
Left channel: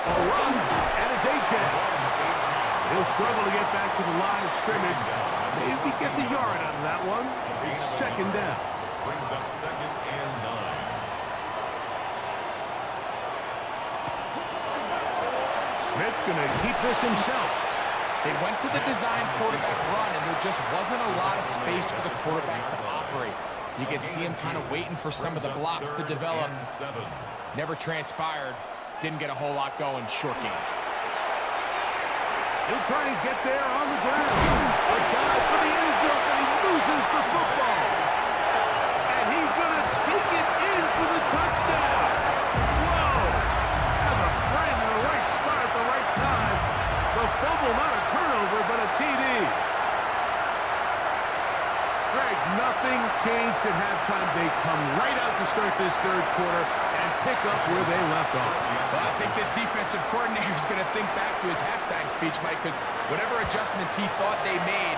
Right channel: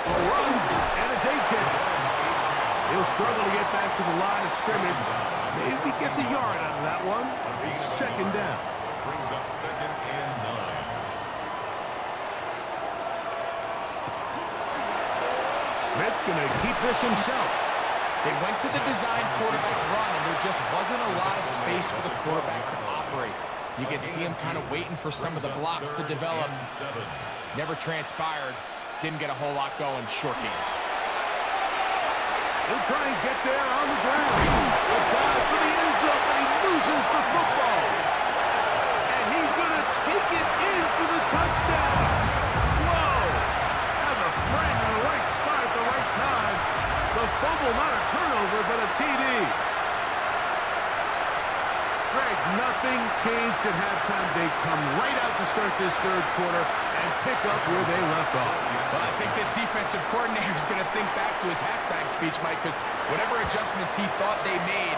A run, and it's Achek. He'll struggle to get back to the line of scrimmage. Maybe gets a yard out of that one. It's second down. Brings up 2nd and 9. Smith going to keep this himself. They went to the design quarterback run, and there just wasn't a lot of space for the quarterback to operate. You could see him kind of waiting for some of the blocks to develop. Never transpired. Didn't get a whole lot going. Short game. He'll try and get there on the ground. A dive for the end zone, but he loses the football. And he's going to take it in for the touchdown. Whoa! Have a friend in the right spot at the right time. The fumble, not a turnover, but a TD. Greg, nothing changed at halftime. They come right out to start this third quarter and pick up where they left off. Well, I think this defensive coordinator is going to think back to his halftime speech, Mike, because whatever adjustments he thought they made,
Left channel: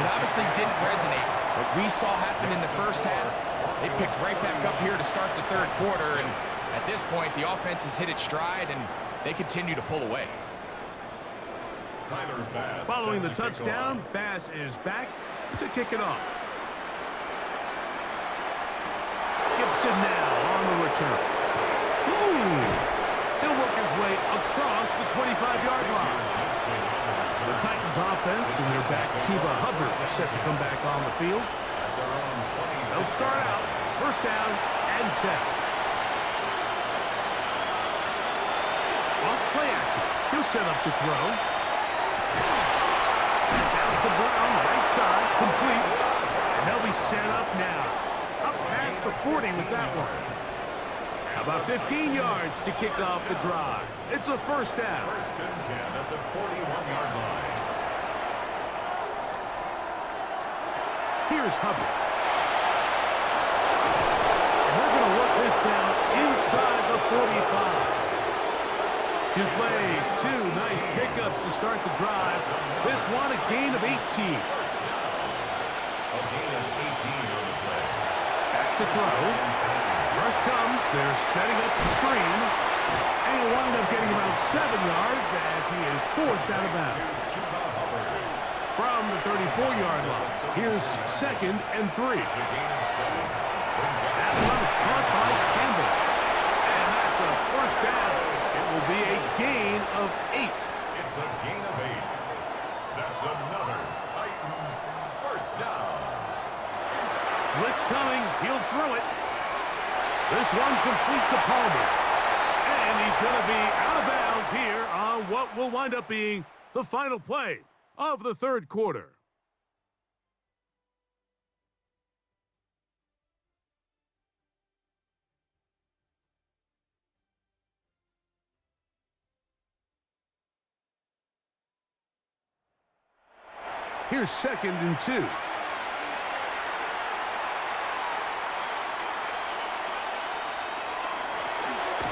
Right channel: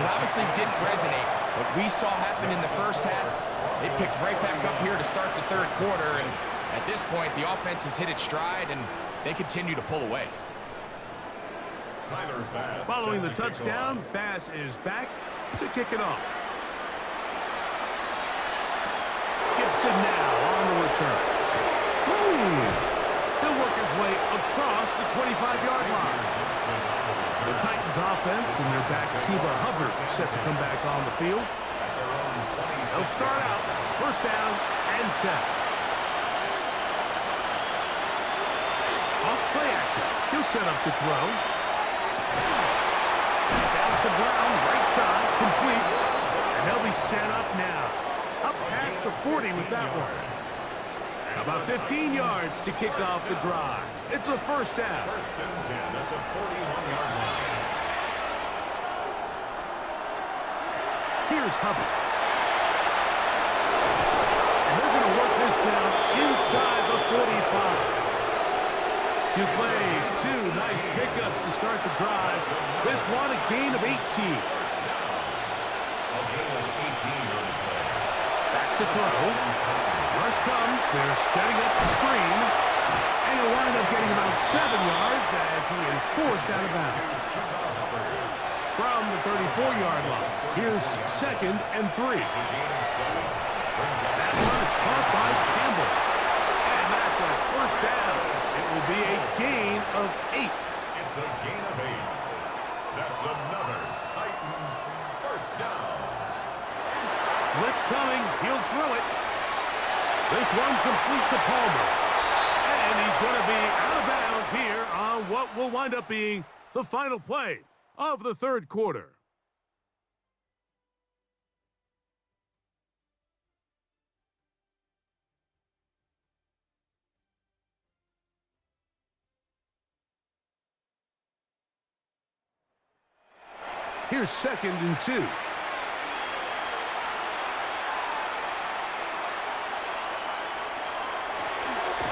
it obviously didn't resonate. What we saw happen in the first half, they picked right back up here to start the third quarter, and at this point, the offense has hit its stride, and they continue to pull away. Tyler Bass. Following the touchdown, Bass is back to kick it off. Gibson now on the return. He'll work his way across the 25-yard line. The Titans offense and their back Chuba Hubbard set to come back on the field. They'll start out first down and 10. Off play action. He'll set up to throw. That's out to Brown, right side, complete. And they'll be set up now. Up past the 40 with that one. About 15 yards to kick off the drive. It's a first down. First and 10 at the 41-yard line. Here's Hubbard. And they're going to work this down inside the 45. 2 plays, 2 nice pickups to start the drive. This one a gain of 18. First down. A gain of 18 on the play. Back to throw. Rush comes. They're setting up the screen. And he'll wind up getting about 7 yards as he is forced out of bounds. From the 34-yard line. Here's second and 3. That one is caught by Campbell. And that's a first down. It will be a gain of 8. It's a gain of 8. That's another Titans first down. Blitz coming. He'll throw it. This one complete to Palmer. And he's going to be out of bounds here on what will wind up being the final play of the third quarter. Here's second and 2.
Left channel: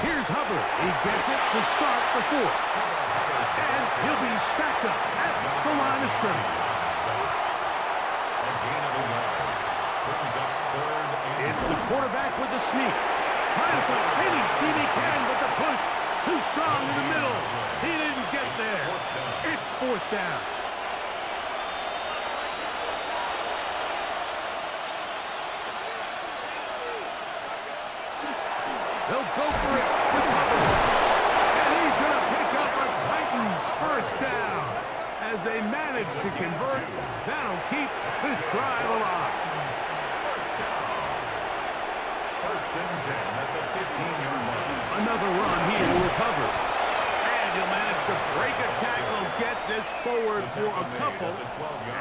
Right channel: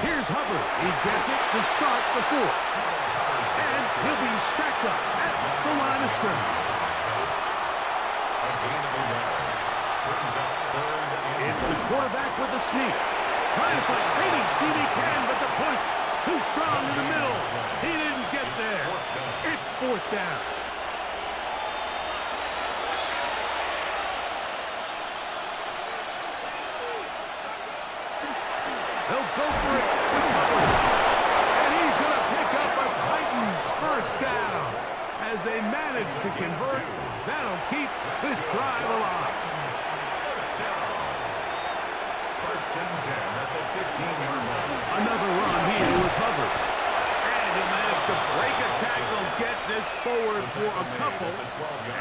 Here's Hubbard. He gets it to start the fourth. And he'll be stacked up at the line of scrimmage. A gain of a yard. Brings up third and It's the quarterback with the sneak. Trying to find any seam he can, but the push too strong in the middle. He didn't get there. It's fourth down. They'll go for it with Hubbard. And he's going to pick up a Titans first down. As they manage to convert, that'll keep this drive alive. first down. First and 10 at the 15-yard line. Another run here with Hubbard. And he'll manage to break a tackle, get this forward for a couple,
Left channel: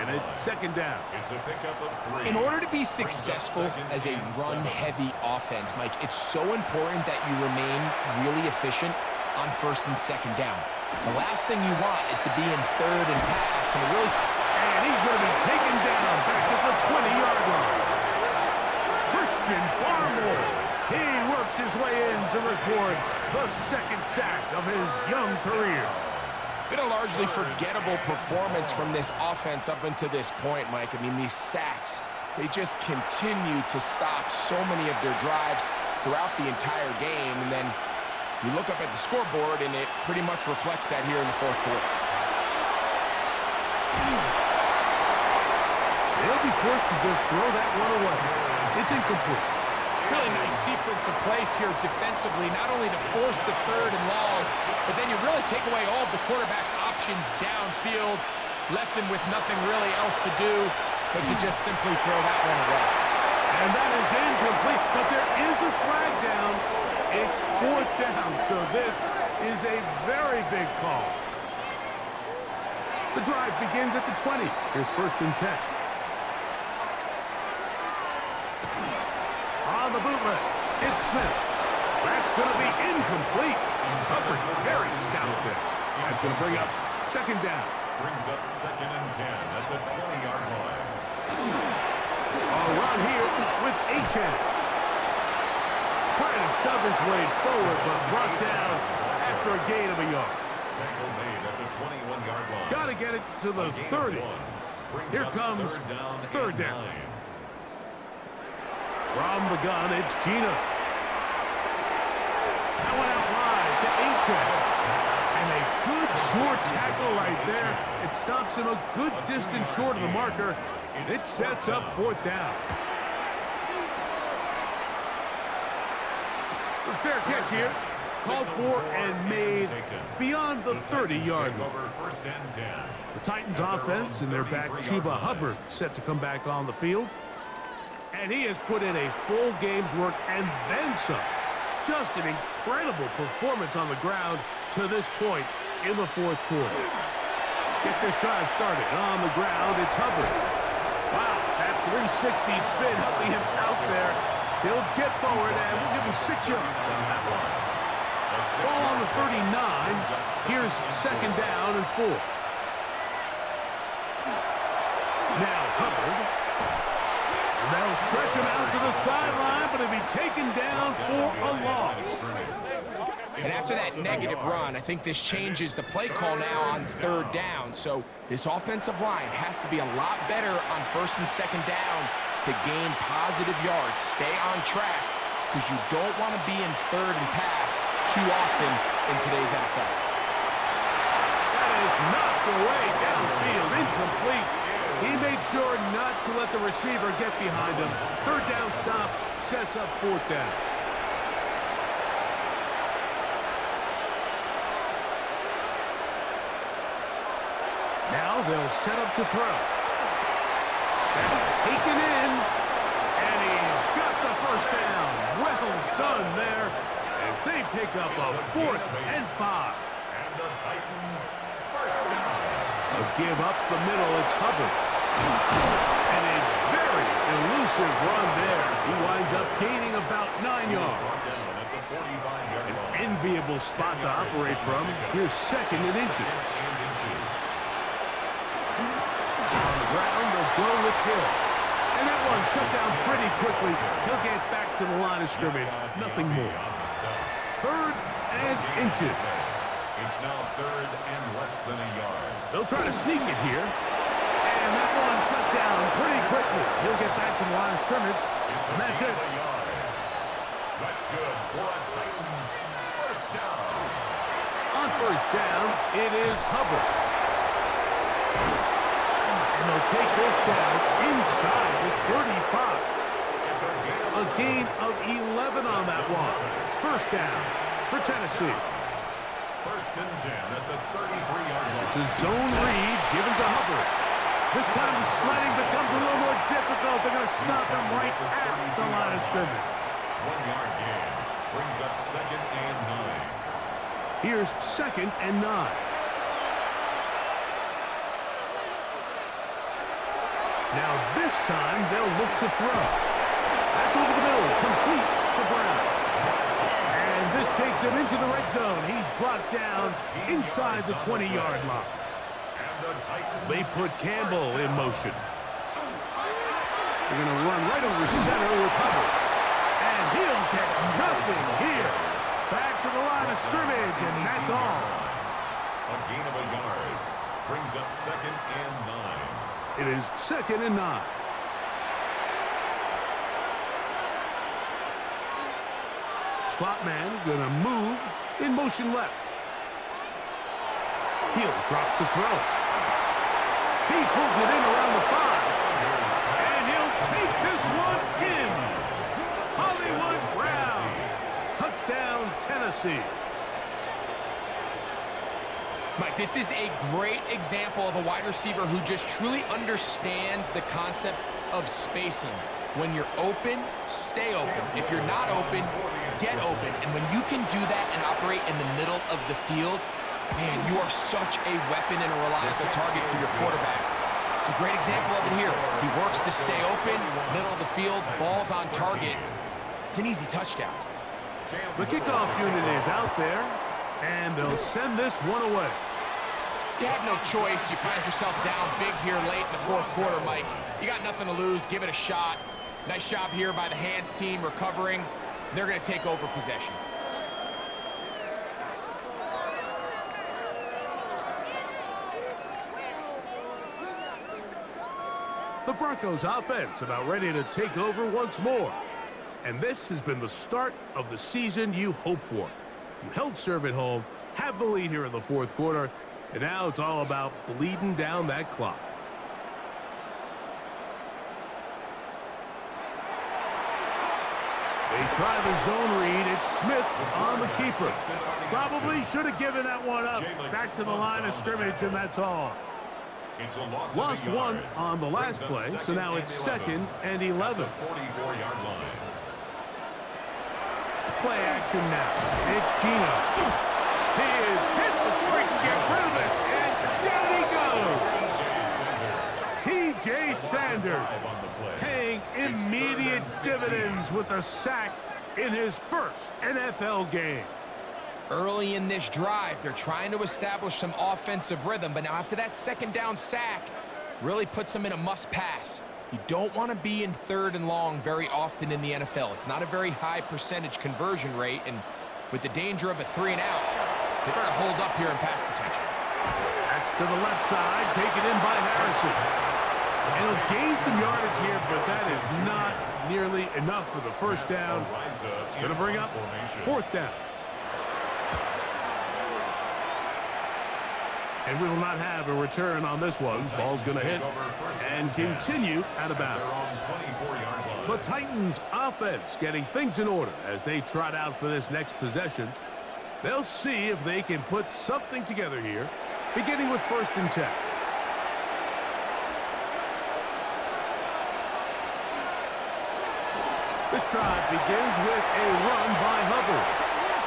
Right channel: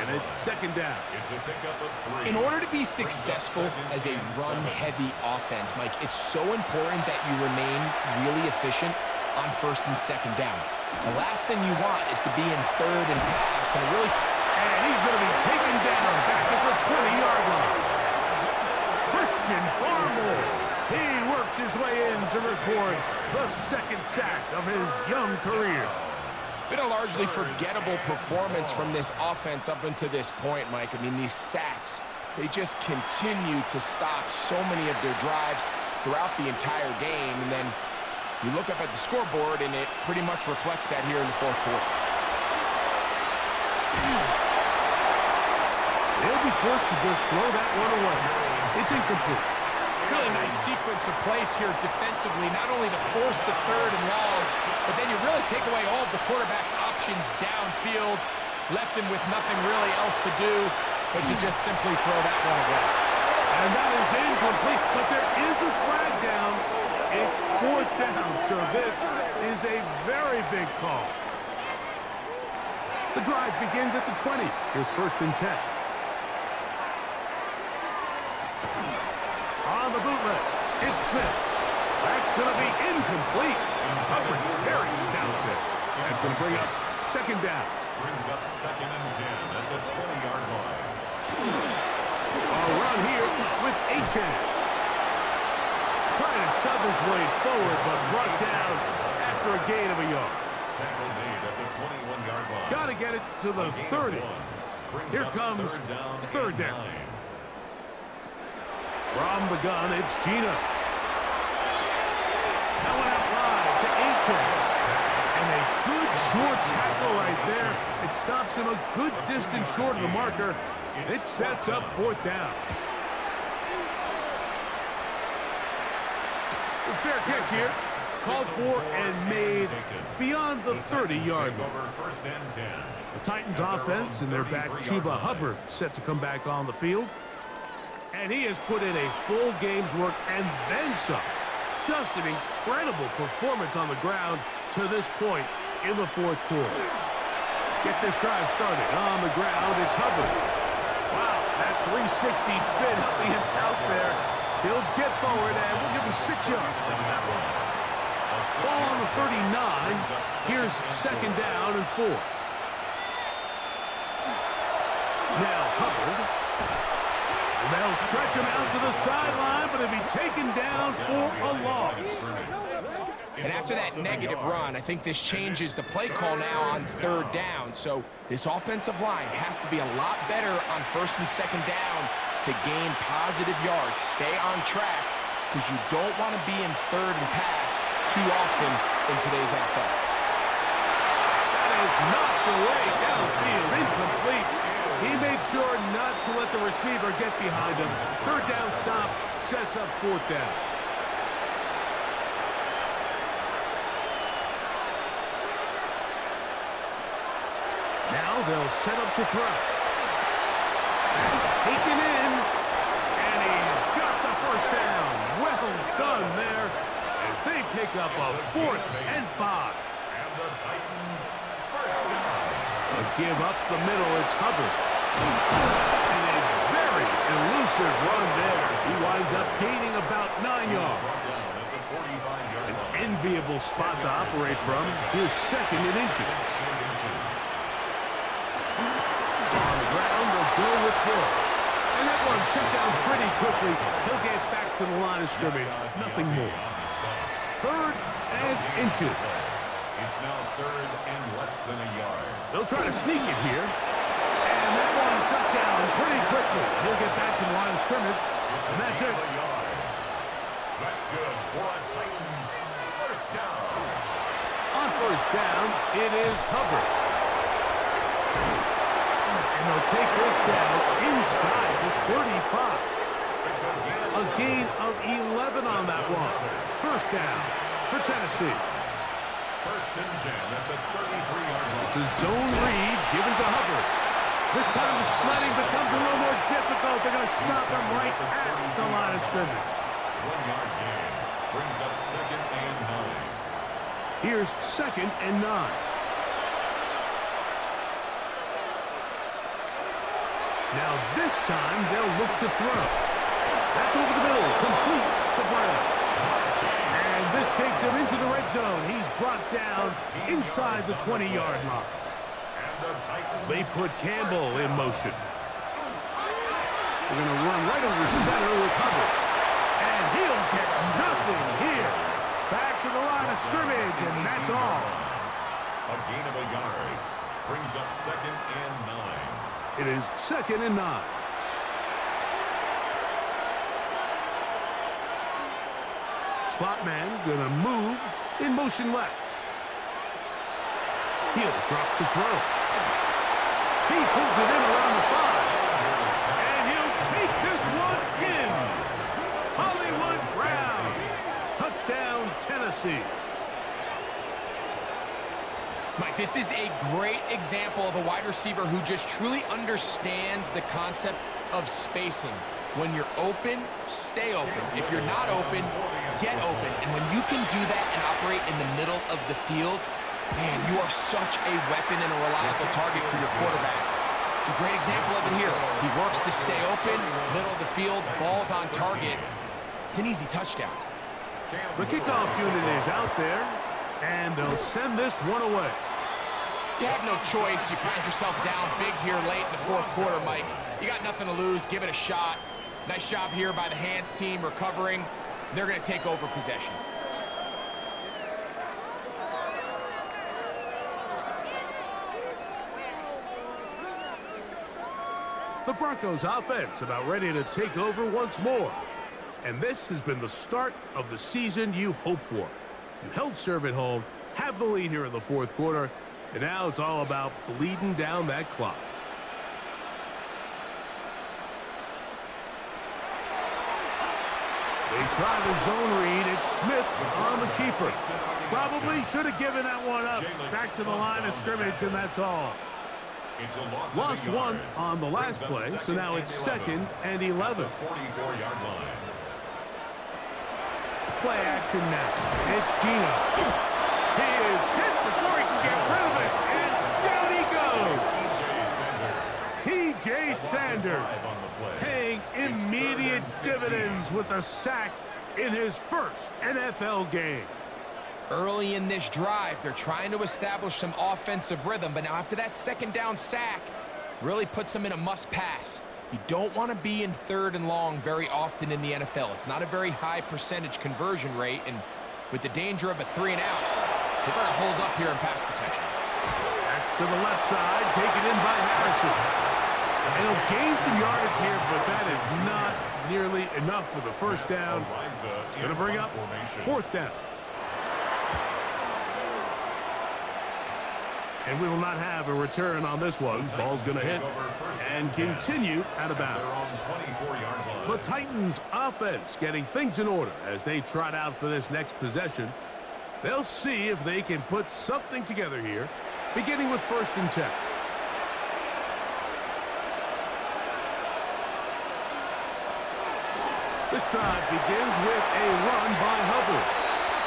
and it's second down. It's a pickup of 3. In order to be successful as a run-heavy offense, Mike, it's so important that you remain really efficient on first and second down. The last thing you want is to be in third and pass, and really... And he's going to be taken down back at the 20-yard line. Christian Barmore. He works his way in to record the second sack of his young career. Been a largely forgettable performance from this offense up until this point, Mike. I mean, these sacks, they just continue to stop so many of their drives throughout the entire game. And then you look up at the scoreboard, and it pretty much reflects that here in the fourth quarter. They'll be forced to just throw that one away. It's incomplete. Really nice sequence of plays here defensively, not only to force the third and long, but then you really take away all of the quarterback's options downfield, left him with nothing really else to do but to just simply throw that one away. And that is incomplete, but there is a flag down. It's 4th down, so this is a very big call. The drive begins at the 20. Here's 1st and 10. On the bootleg, it's Smith. That's going to be incomplete. Coverage very stout there. That's going to bring up 2nd down. Brings up 2nd and 10 at the 20-yard line. A run here with Achan. Trying to shove his way forward, but brought down after a gain of a yard. Tackle made at the 21-yard line. Got to get it to the 30. Here comes 3rd down. From the gun, it's Gina. That one out wide to Achan. And a good short tackle right there. It stops him a good distance short of the marker. It sets up 4th down. The fair catch here. Called for and made beyond the 30-yard line. The Titans offense and their back Chuba Hubbard set to come back on the field. And he has put in a full game's work and then some. Just an incredible performance on the ground to this point in the 4th quarter. Get this drive started. On the ground, it's Hubbard. Wow, that 360 spin helping him out there. He'll get forward, and we'll give him 6 yards on that one. Ball on the 39. Here's 2nd down and 4. Now Hubbard. And they'll stretch him out to the sideline, but he'll be taken down for a loss. And after that negative run, I think this changes the play call now on 3rd down. So this offensive line has to be a lot better on 1st and 2nd down to gain positive yards. Stay on track, because you don't want to be in 3rd and pass too often in today's NFL. That is knocked away downfield, incomplete. He made sure not to let the receiver get behind him. 3rd down stop sets up 4th down. Now they'll set up to throw. That's taken in, and he's got the 1st down. Well done there as they pick up a 4th and 5. And the Titans 1st down. A give up the middle, it's Hubbard. And a very elusive run there. He winds up gaining about 9 yards. An enviable spot to operate from. Here's 2nd and inches. On the ground, they'll go with Hill. And that one shut down pretty quickly. He'll get back to the line of scrimmage. Nothing more. 3rd and inches. It's now 3rd and less than a yard. They'll try to sneak it here. And that one shut down pretty quickly. He'll get back to the line of scrimmage. And that's it. That's good for a Titans 1st down. On 1st down, it is Hubbard. And they'll take this down inside the 35. A gain of 11 on that one. 1st down for Tennessee. 1st and 10 at the 33-yard line. It's a zone read given to Hubbard. This time the sledding becomes a little more difficult. They're going to stop him right at the line of scrimmage. 1-yard gain brings up 2nd and 9. Here's 2nd and 9. Now this time they'll look to throw. That's over the middle, complete to Brown. And this takes him into the red zone. He's brought down inside the 20-yard line. They put Campbell in motion. They're going to run right over center with Hubbard. And he'll get nothing here. Back to the line of scrimmage, and that's all. A gain of a yard brings up 2nd and 9. It is 2nd and 9. Slot man gonna move in motion left. He'll drop to throw. He pulls it in around the 5. And he'll take this one in. Hollywood Brown. Touchdown, Tennessee. Mike, this is a great example of a wide receiver who just truly understands the concept of spacing. When you're open, stay open. If you're not open, get open. And when you can do that and operate in the middle of the field, man, you are such a weapon and a reliable target for your quarterback. It's a great example of it here. He works to stay open, middle of the field, ball's on target. It's an easy touchdown. The kickoff unit is out there, and they'll send this one away. You have no choice. You find yourself down big here late in the fourth quarter, Mike. You got nothing to lose. Give it a shot. Nice job here by the hands team recovering. They're going to take over possession. The Broncos offense about ready to take over once more. And this has been the start of the season you hope for. You held serve at home, have the lead here in the fourth quarter, and now it's all about bleeding down that clock. They try the zone read. It's Smith on the keeper. Probably should have given that one up. Back to the line of scrimmage, and that's all. Lost one on the last play, so now it's 2nd and 11. 44-yard line. Play action now. It's Gino. He is hit before he can get rid of it, and down he goes. CJ Sanders paying immediate dividends with a sack in his first NFL game. Early in this drive, they're trying to establish some offensive rhythm, but now after that second down sack, really puts them in a must-pass. You don't want to be in 3rd and long very often in the NFL. It's not a very high percentage conversion rate, and with the danger of a 3-and-out, they better hold up here in pass protection. That's to the left side, taken in by Harrison. And he'll gain some yardage here, but that is not nearly enough for the first down. It's going to bring up 4th down. And we will not have a return on this one. Ball's going to hit and continue out of bounds. The Titans offense getting things in order as they trot out for this next possession. They'll see if they can put something together here, beginning with 1st and 10. This drive begins with a run by Hubbard.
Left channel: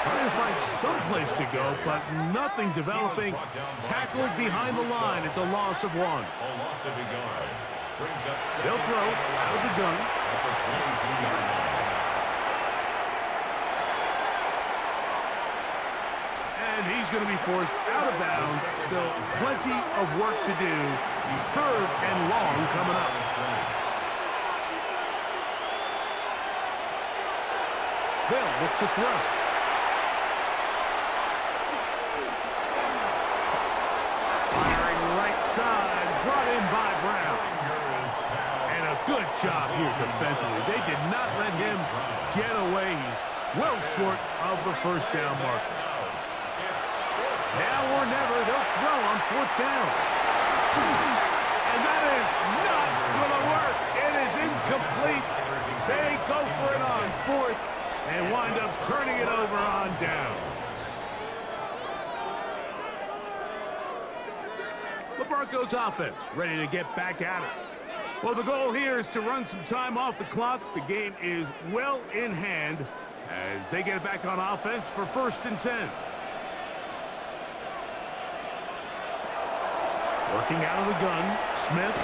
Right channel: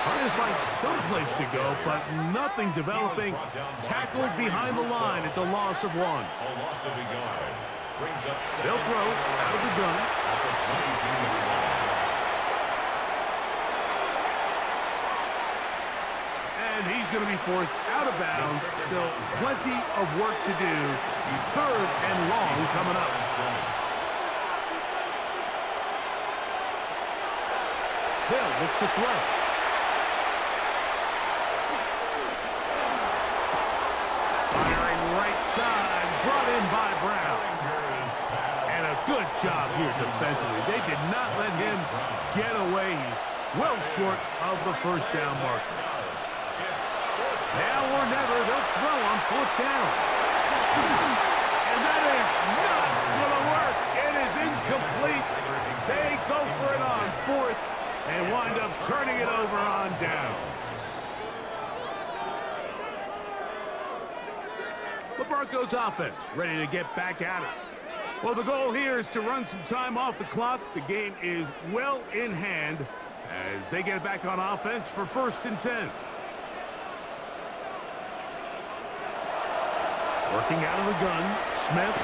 Trying to find some place to go, but nothing developing. Tackled behind the line. It's a loss of 1. A loss of a yard. Brings up They'll throw out of the gun. At the 22-yard line. And he's going to be forced out of bounds. Still plenty of work to do. 3rd and long coming up. They'll look to throw. Right side, brought in by Brown. And a good job here defensively. They did not let him get away. He's well short of the 1st down marker. Now or never, they'll throw on 4th down. And that is not going to work. It is incomplete. They go for it on 4th and wind up turning it over on down. The Broncos offense ready to get back at it. Well, the goal here is to run some time off the clock. The game is well in hand as they get back on offense for 1st and 10. Working out of the gun, Smith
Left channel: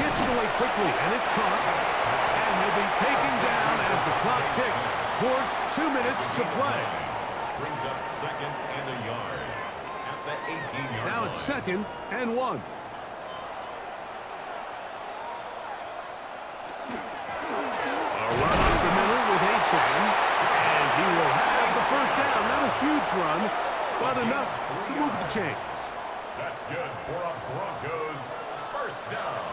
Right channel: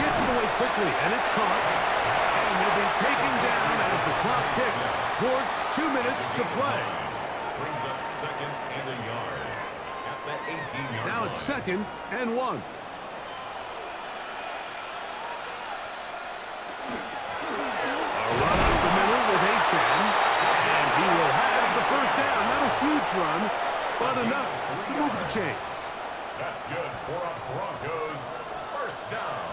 gets it away quickly, and it's caught. And he'll be taken down as the clock ticks towards 2 minutes to play. Brings up 2nd and a yard. The 18-yard now it's 2nd and 1. A run up the middle with Achan, and he will have the 1st down. Not a huge run, but enough to move the chains. That's good for a Broncos 1st down.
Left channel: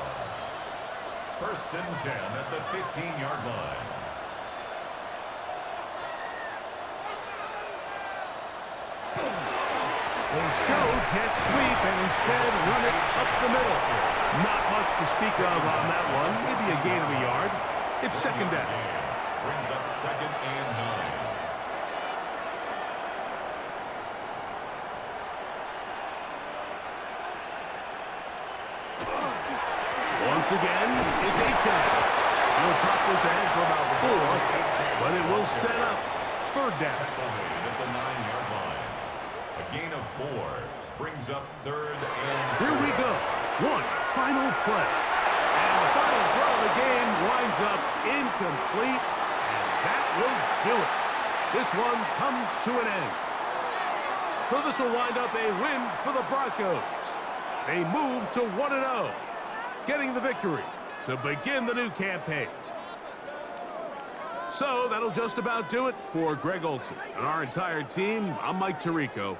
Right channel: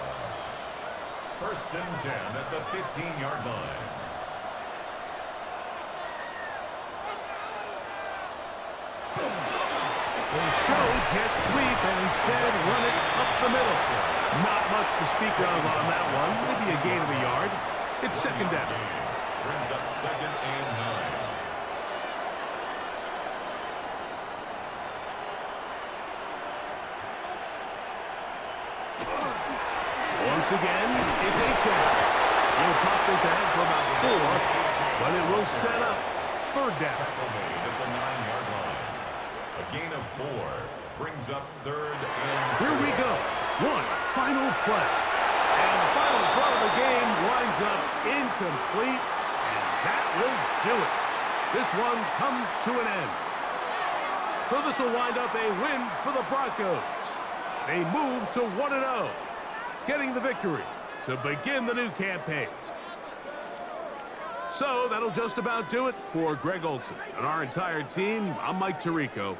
1st and 10 at the 15-yard line. They show jet sweep and instead run it up the middle. Not much to speak of on that one. Maybe a gain of a yard. It's second down. Brings up 2nd and 9. Once again, it's Achane. He'll pop this ahead for about 4, but it will set up 3rd down. Tackle made at the 9-yard line. A gain of 4 brings up 3rd and 4. Here we go. One final play. And the final throw of the game winds up incomplete, and that will do it. This one comes to an end. So this will wind up a win for the Broncos. They move to 1-0, getting the victory to begin the new campaign. So that'll just about do it for Greg Olsen and our entire team. I'm Mike Tirico.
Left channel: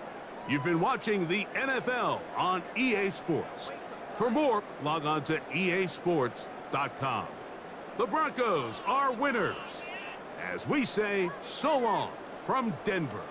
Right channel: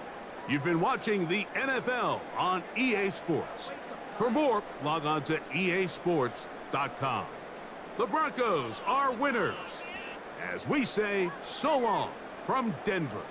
You've been watching the NFL on EA Sports. For more, log on to easports.com. The Broncos are winners. As we say, so long from Denver.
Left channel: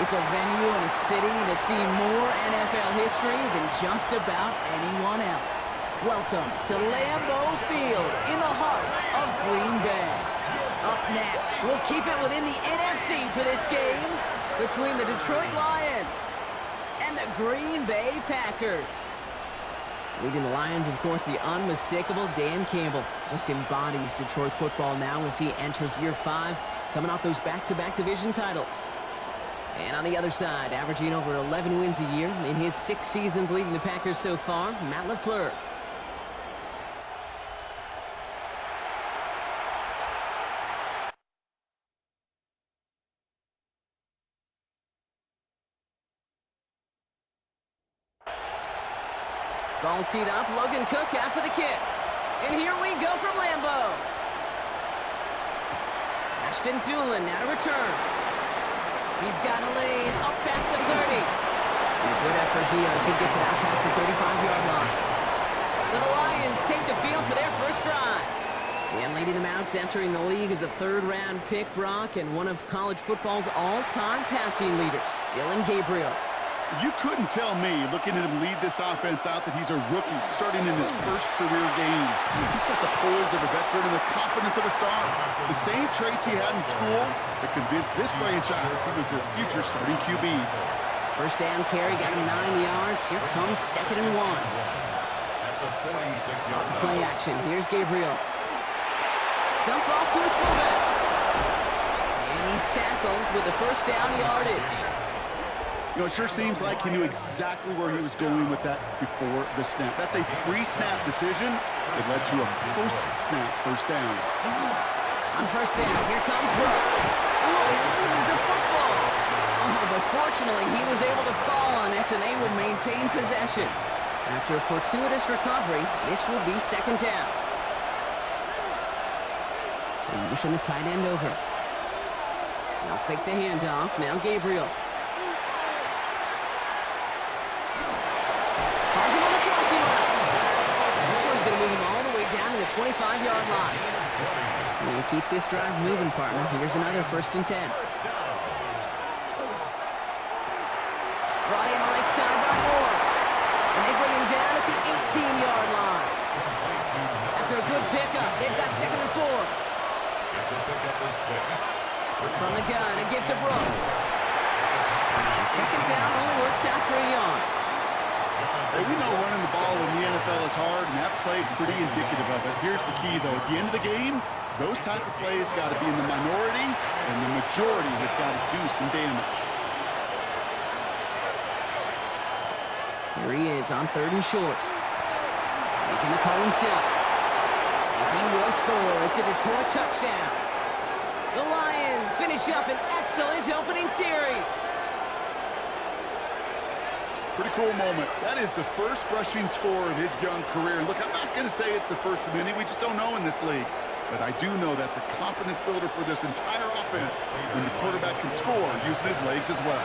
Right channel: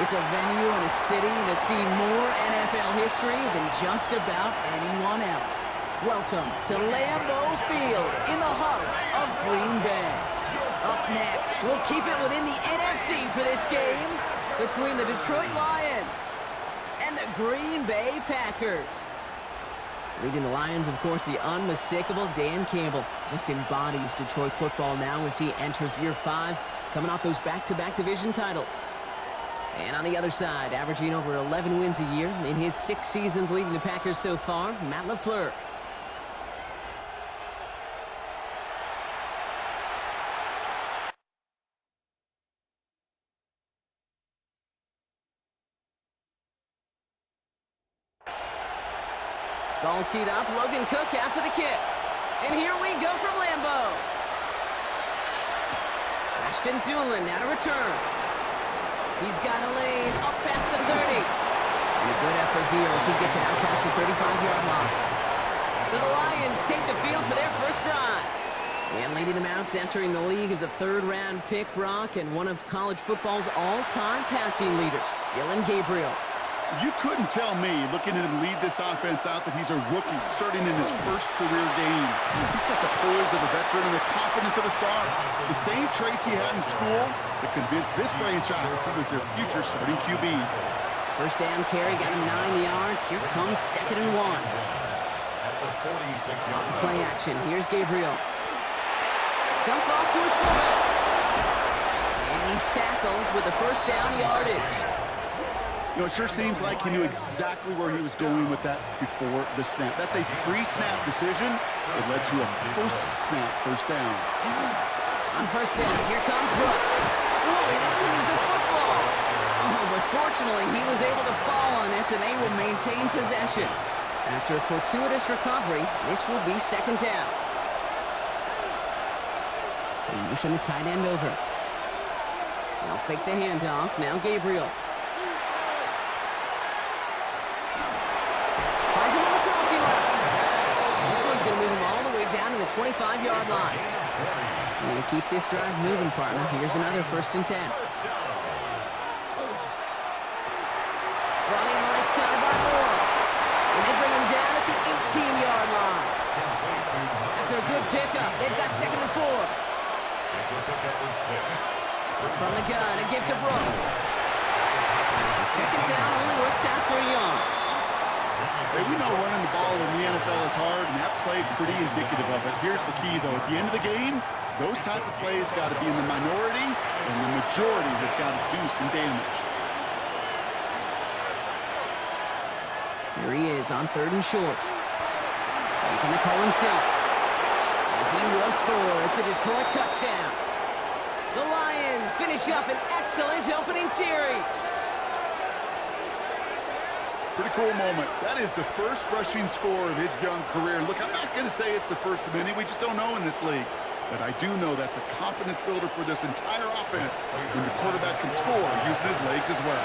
It's a venue and a city that's seen more NFL history than just about anyone else. Welcome to Lambeau Field in the heart of Green Bay. Up next, we'll keep it within the NFC for this game between the Detroit Lions and the Green Bay Packers. Leading the Lions, of course, the unmistakable Dan Campbell. Just embodies Detroit football now as he enters year 5, coming off those back-to-back division titles. And on the other side, averaging over 11 wins a year in his 6 seasons leading the Packers so far, Matt LaFleur. Ball teed up, Logan Cook after the kick. And here we go from Lambeau. Ashton Doolin now to return. He's got a lane up past the 30. And a good effort here as he gets it out past the 35-yard line. So the Lions take the field for their first drive. And leading them out, entering the league is a 3rd-round pick, Brock, and one of college football's all-time passing leaders, Dillon Gabriel. You couldn't tell me, looking at him lead this offense out, that he's a rookie starting in his first career game. He's got the poise of a veteran and the confidence of a star. The same traits he had in school that convinced this franchise he was their future starting QB. First down carry, got him 9 yards. Here comes 2nd and 1. At the 46-yard line. Play action. Here's Gabriel. Dump off to his fullback. And he's tackled with the first down yardage. You know, it sure seems like he knew exactly where he was going with that before the snap. That's a pre-snap decision. It led to a post-snap first down. On first down, here comes Brooks. Oh, he loses the football. Oh, but fortunately, he was able to fall on it, and they will maintain possession. After a fortuitous recovery, this will be 2nd down. They motion the tight end over. Now fake the handoff. Now Gabriel. Finds him on the crossing route. And this one's going to move him all the way down to the 25-yard line. And keep this drive moving, partner. Here's another 1st and 10. Brought in right side by Moore. And they bring him down at the 18-yard line. After a good pickup, they've got 2nd and 4. It's a pickup of 6. From the gun, a give to Brooks. And 2nd down only works out for a yard. Hey, we know running the ball in the NFL is hard, and that play pretty indicative of it. Here's the key, though. At the end of the game, those type of plays got to be in the minority, and the majority have got to do some damage. Here he is on 3rd and short. Making the call himself. And he will score. It's a Detroit touchdown. The Lions finish up an excellent opening series. Pretty cool moment. That is the first rushing score of his young career. Look, I'm not going to say it's the first of many. We just don't know in this league. But I do know that's a confidence builder for this entire offense when your quarterback can score using his legs as well.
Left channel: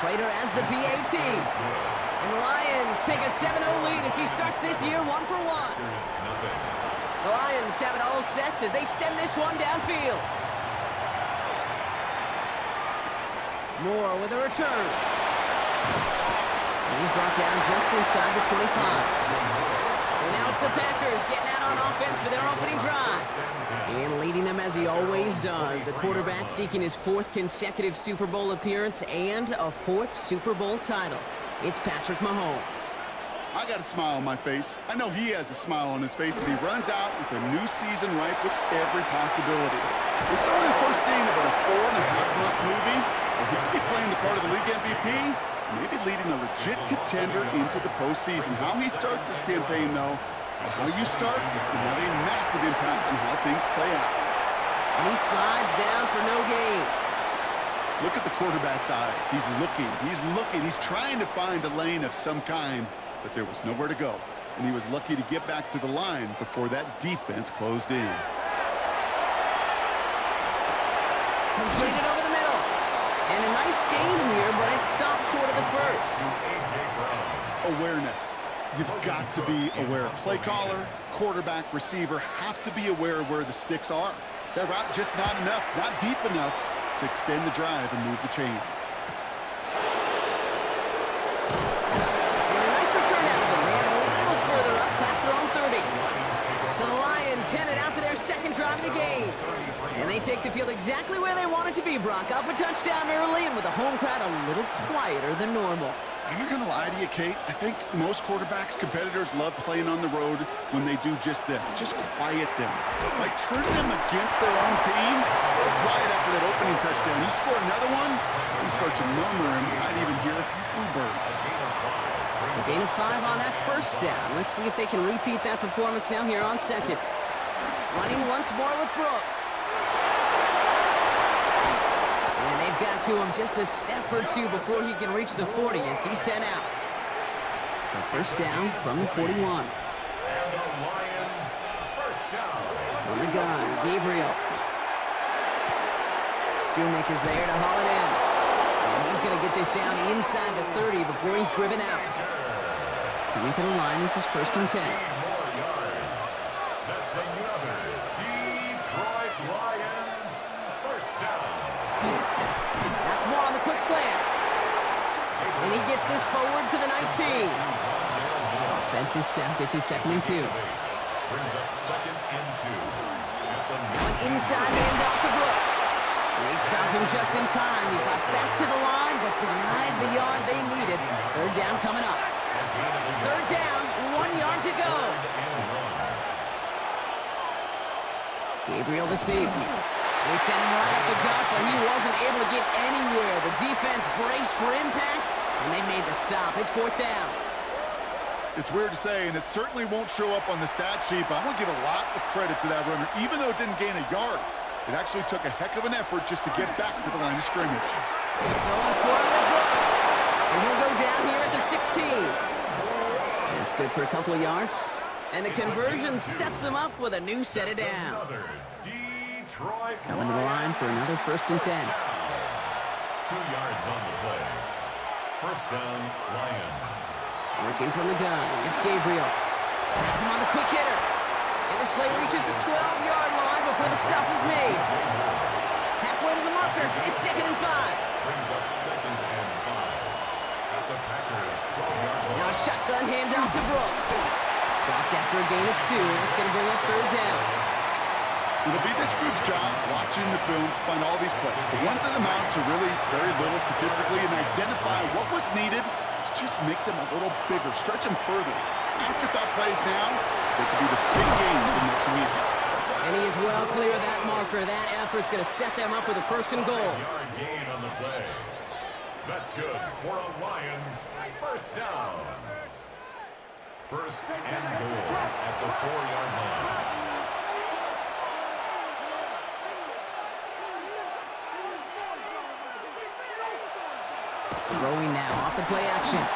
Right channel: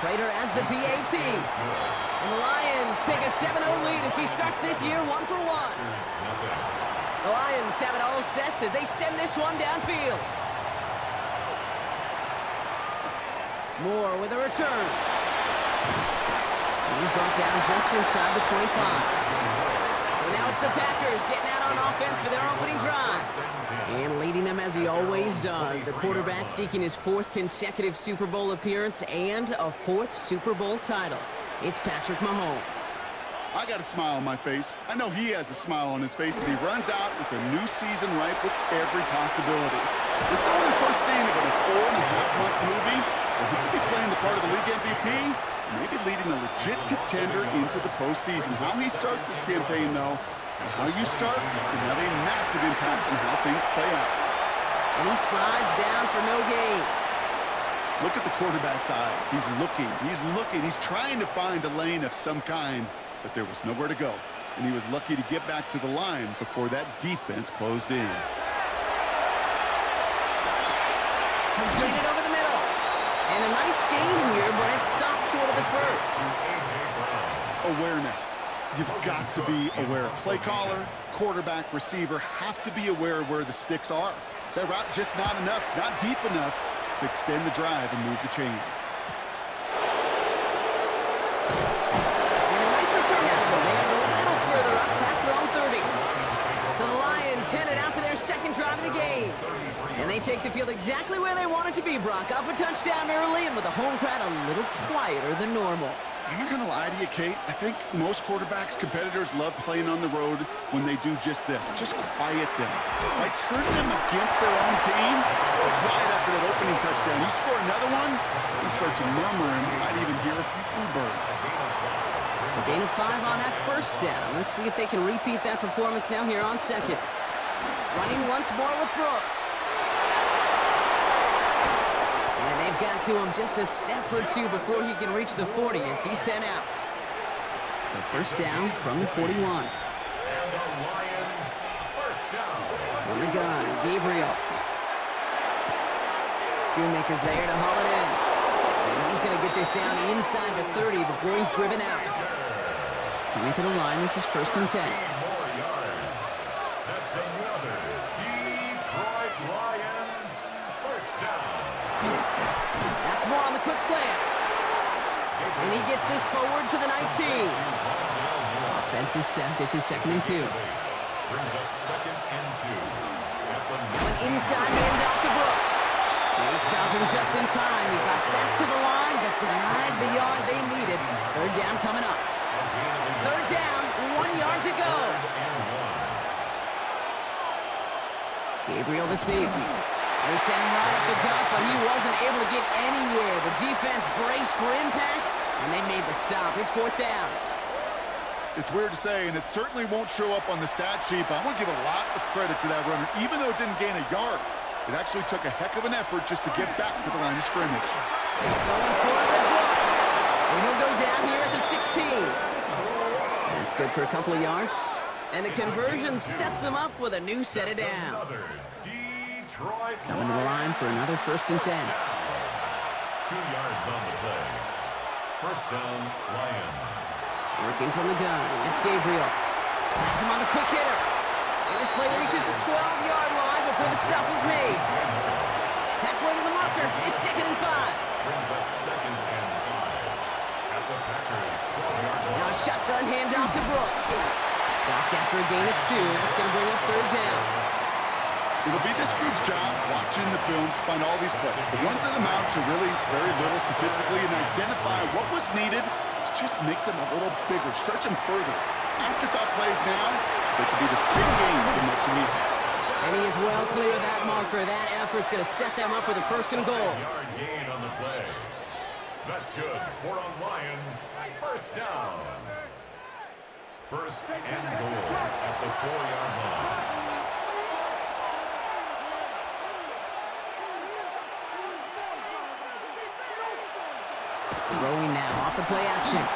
Prater adds the PAT. And the Lions take a 7-0 lead as he starts this year 1 for 1. The Lions have it all set as they send this one downfield. Moore with a return. And he's brought down just inside the 25. So now it's the Packers getting out on offense for their opening drive. And leading them as he always does. A quarterback seeking his 4th consecutive Super Bowl appearance and a 4th Super Bowl title. It's Patrick Mahomes. I got a smile on my face. I know he has a smile on his face as he runs out with a new season ripe with every possibility. This is only the first scene of a 4.5-month movie. He could be playing the part of the league MVP, maybe leading a legit contender into the postseason. How he starts this campaign, though, how you start can have a massive impact on how things play out. And he slides down for no gain. Look at the quarterback's eyes. He's looking. He's trying to find a lane of some kind, but there was nowhere to go. And he was lucky to get back to the line before that defense closed in. Completed over the middle. And a nice gain here, but it stopped short of the first. Awareness. You've got to be aware. Play caller, quarterback, receiver have to be aware of where the sticks are. That route just not enough, not deep enough to extend the drive and move the chains. And a nice return out of them. They have it a little further up past their own 30. So the Lions headed out for their 2nd drive of the game. And they take the field exactly where they want it to be, Brock. Up a touchdown early and with the home crowd a little quieter than normal. I'm not going to lie to you, Kate. I think most quarterbacks, competitors love playing on the road when they do just this. Just quiet them. Like turn them against their own team. Or quiet after that opening touchdown. You score another one, you start to murmur and you might even hear a few bluebirds. So gain of 5 on that 1st down. Let's see if they can repeat that performance now here on 2nd. Running once more with Brooks. And they've got to him just a step or 2 before he can reach the 40 as he's sent out. So 1st down from the 41. And the Lions 1st down. From the gun, Gabriel. Schoonmaker's there to haul it in. And he's going to get this down inside the 30 before he's driven out. Coming to the line, this is 1st and 10. More yards. That's another Detroit Lions 1st down. That's more on the quick slant. And he gets this forward to the 19. Offense is set. This is 2nd and 2. Brings up 2nd and 2. An inside handoff to Brooks. They stop him just in time. He got back to the line, but denied the yard they needed. 3rd down coming up. 3rd down, 1 yard to go. Gabriel to sneak. They sent him right up the gut, but he wasn't able to get anywhere. The defense braced for impact, and they made the stop. It's 4th down. It's weird to say, and it certainly won't show up on the stat sheet, but I want to give a lot of credit to that runner. Even though it didn't gain a yard, it actually took a heck of an effort just to get back to the line of scrimmage. Going for it with Brooks. And he'll go down here at the 16. That's good for a couple of yards. And the conversion sets them up with a new set of downs. Coming to the line for another 1st and 10. 2 yards on the play. 1st down, Lions. Working from the gun. It's Gabriel. Pass him on the quick hitter. And this play reaches the 12-yard line before the stop is made. Halfway to the marker. It's 2nd and 5. Brings up 2nd and 5. At the Packers' 12-yard line. Now a shotgun handoff to Brooks. Stopped after a gain of 2. That's going to bring up 3rd down. It'll be this group's job watching the film to find all these plays. The ones that amount to really very little statistically and identify what was needed to just make them a little bigger, stretch them further. Afterthought plays now, they could be the big gains in next week. And he is well clear of that marker. That effort's going to set them up with a 1st and goal. Yard gain on the play. That's good for a Lions 1st down. 1st and goal at the 4-yard line. Throwing now off the play action. And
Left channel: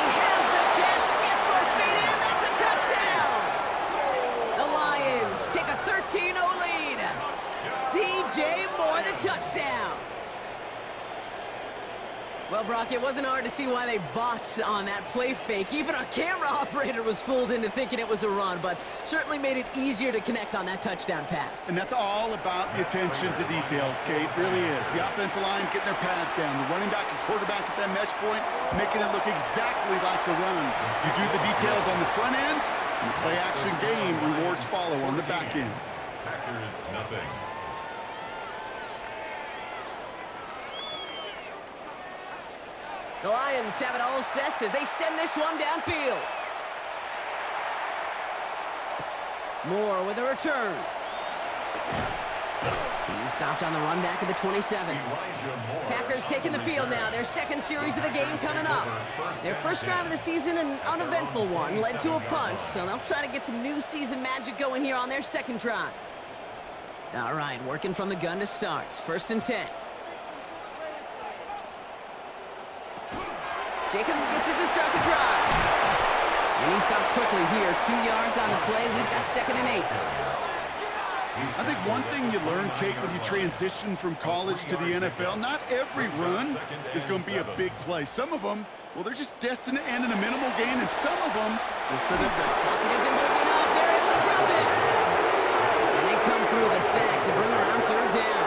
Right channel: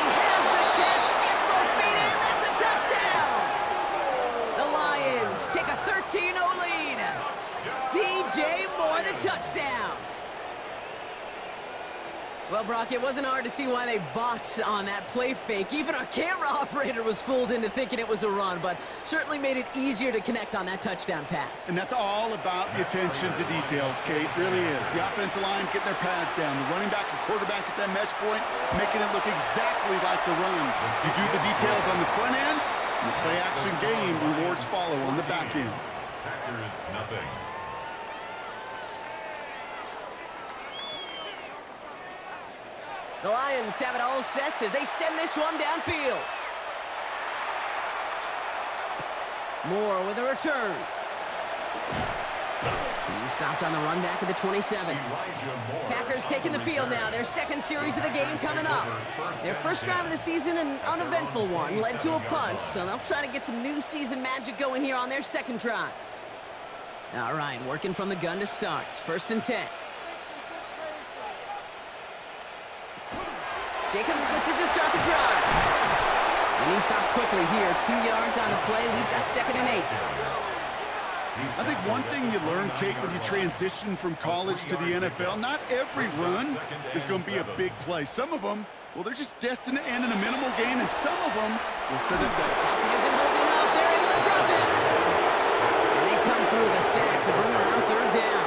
he has the catch, gets both feet in, that's a touchdown! The Lions take a 13-0 lead. DJ Moore, the touchdown. Well, Brock, it wasn't hard to see why they botched on that play fake. Even our camera operator was fooled into thinking it was a run, but certainly made it easier to connect on that touchdown pass. And that's all about the attention to details, Kate. Really is. The offensive line getting their pads down. The running back and quarterback at that mesh point, making it look exactly like a run. You do the details on the front end, and the play-action game rewards follow on the back end. Packers, nothing. The Lions have it all set as they send this one downfield. Moore with a return. He's stopped on the run back at the 27. Packers taking the field now. Their 2nd series of the game coming up. Their 1st drive of the season, an uneventful one, led to a punt, so they'll try to get some new season magic going here on their 2nd drive. All right, working from the gun to start. 1st and 10. Jacobs gets it to start the drive. And he stopped quickly here. 2 yards on the play. We've got 2nd and 8. I think one thing you learn, Kate, when you transition from college to the NFL, not every run is going to be a big play. Some of them, well, they're just destined to end in a minimal gain, and some of them will set up that. Pocket isn't holding up. They're able to drop it. And they come through the sack to bring around 3rd down.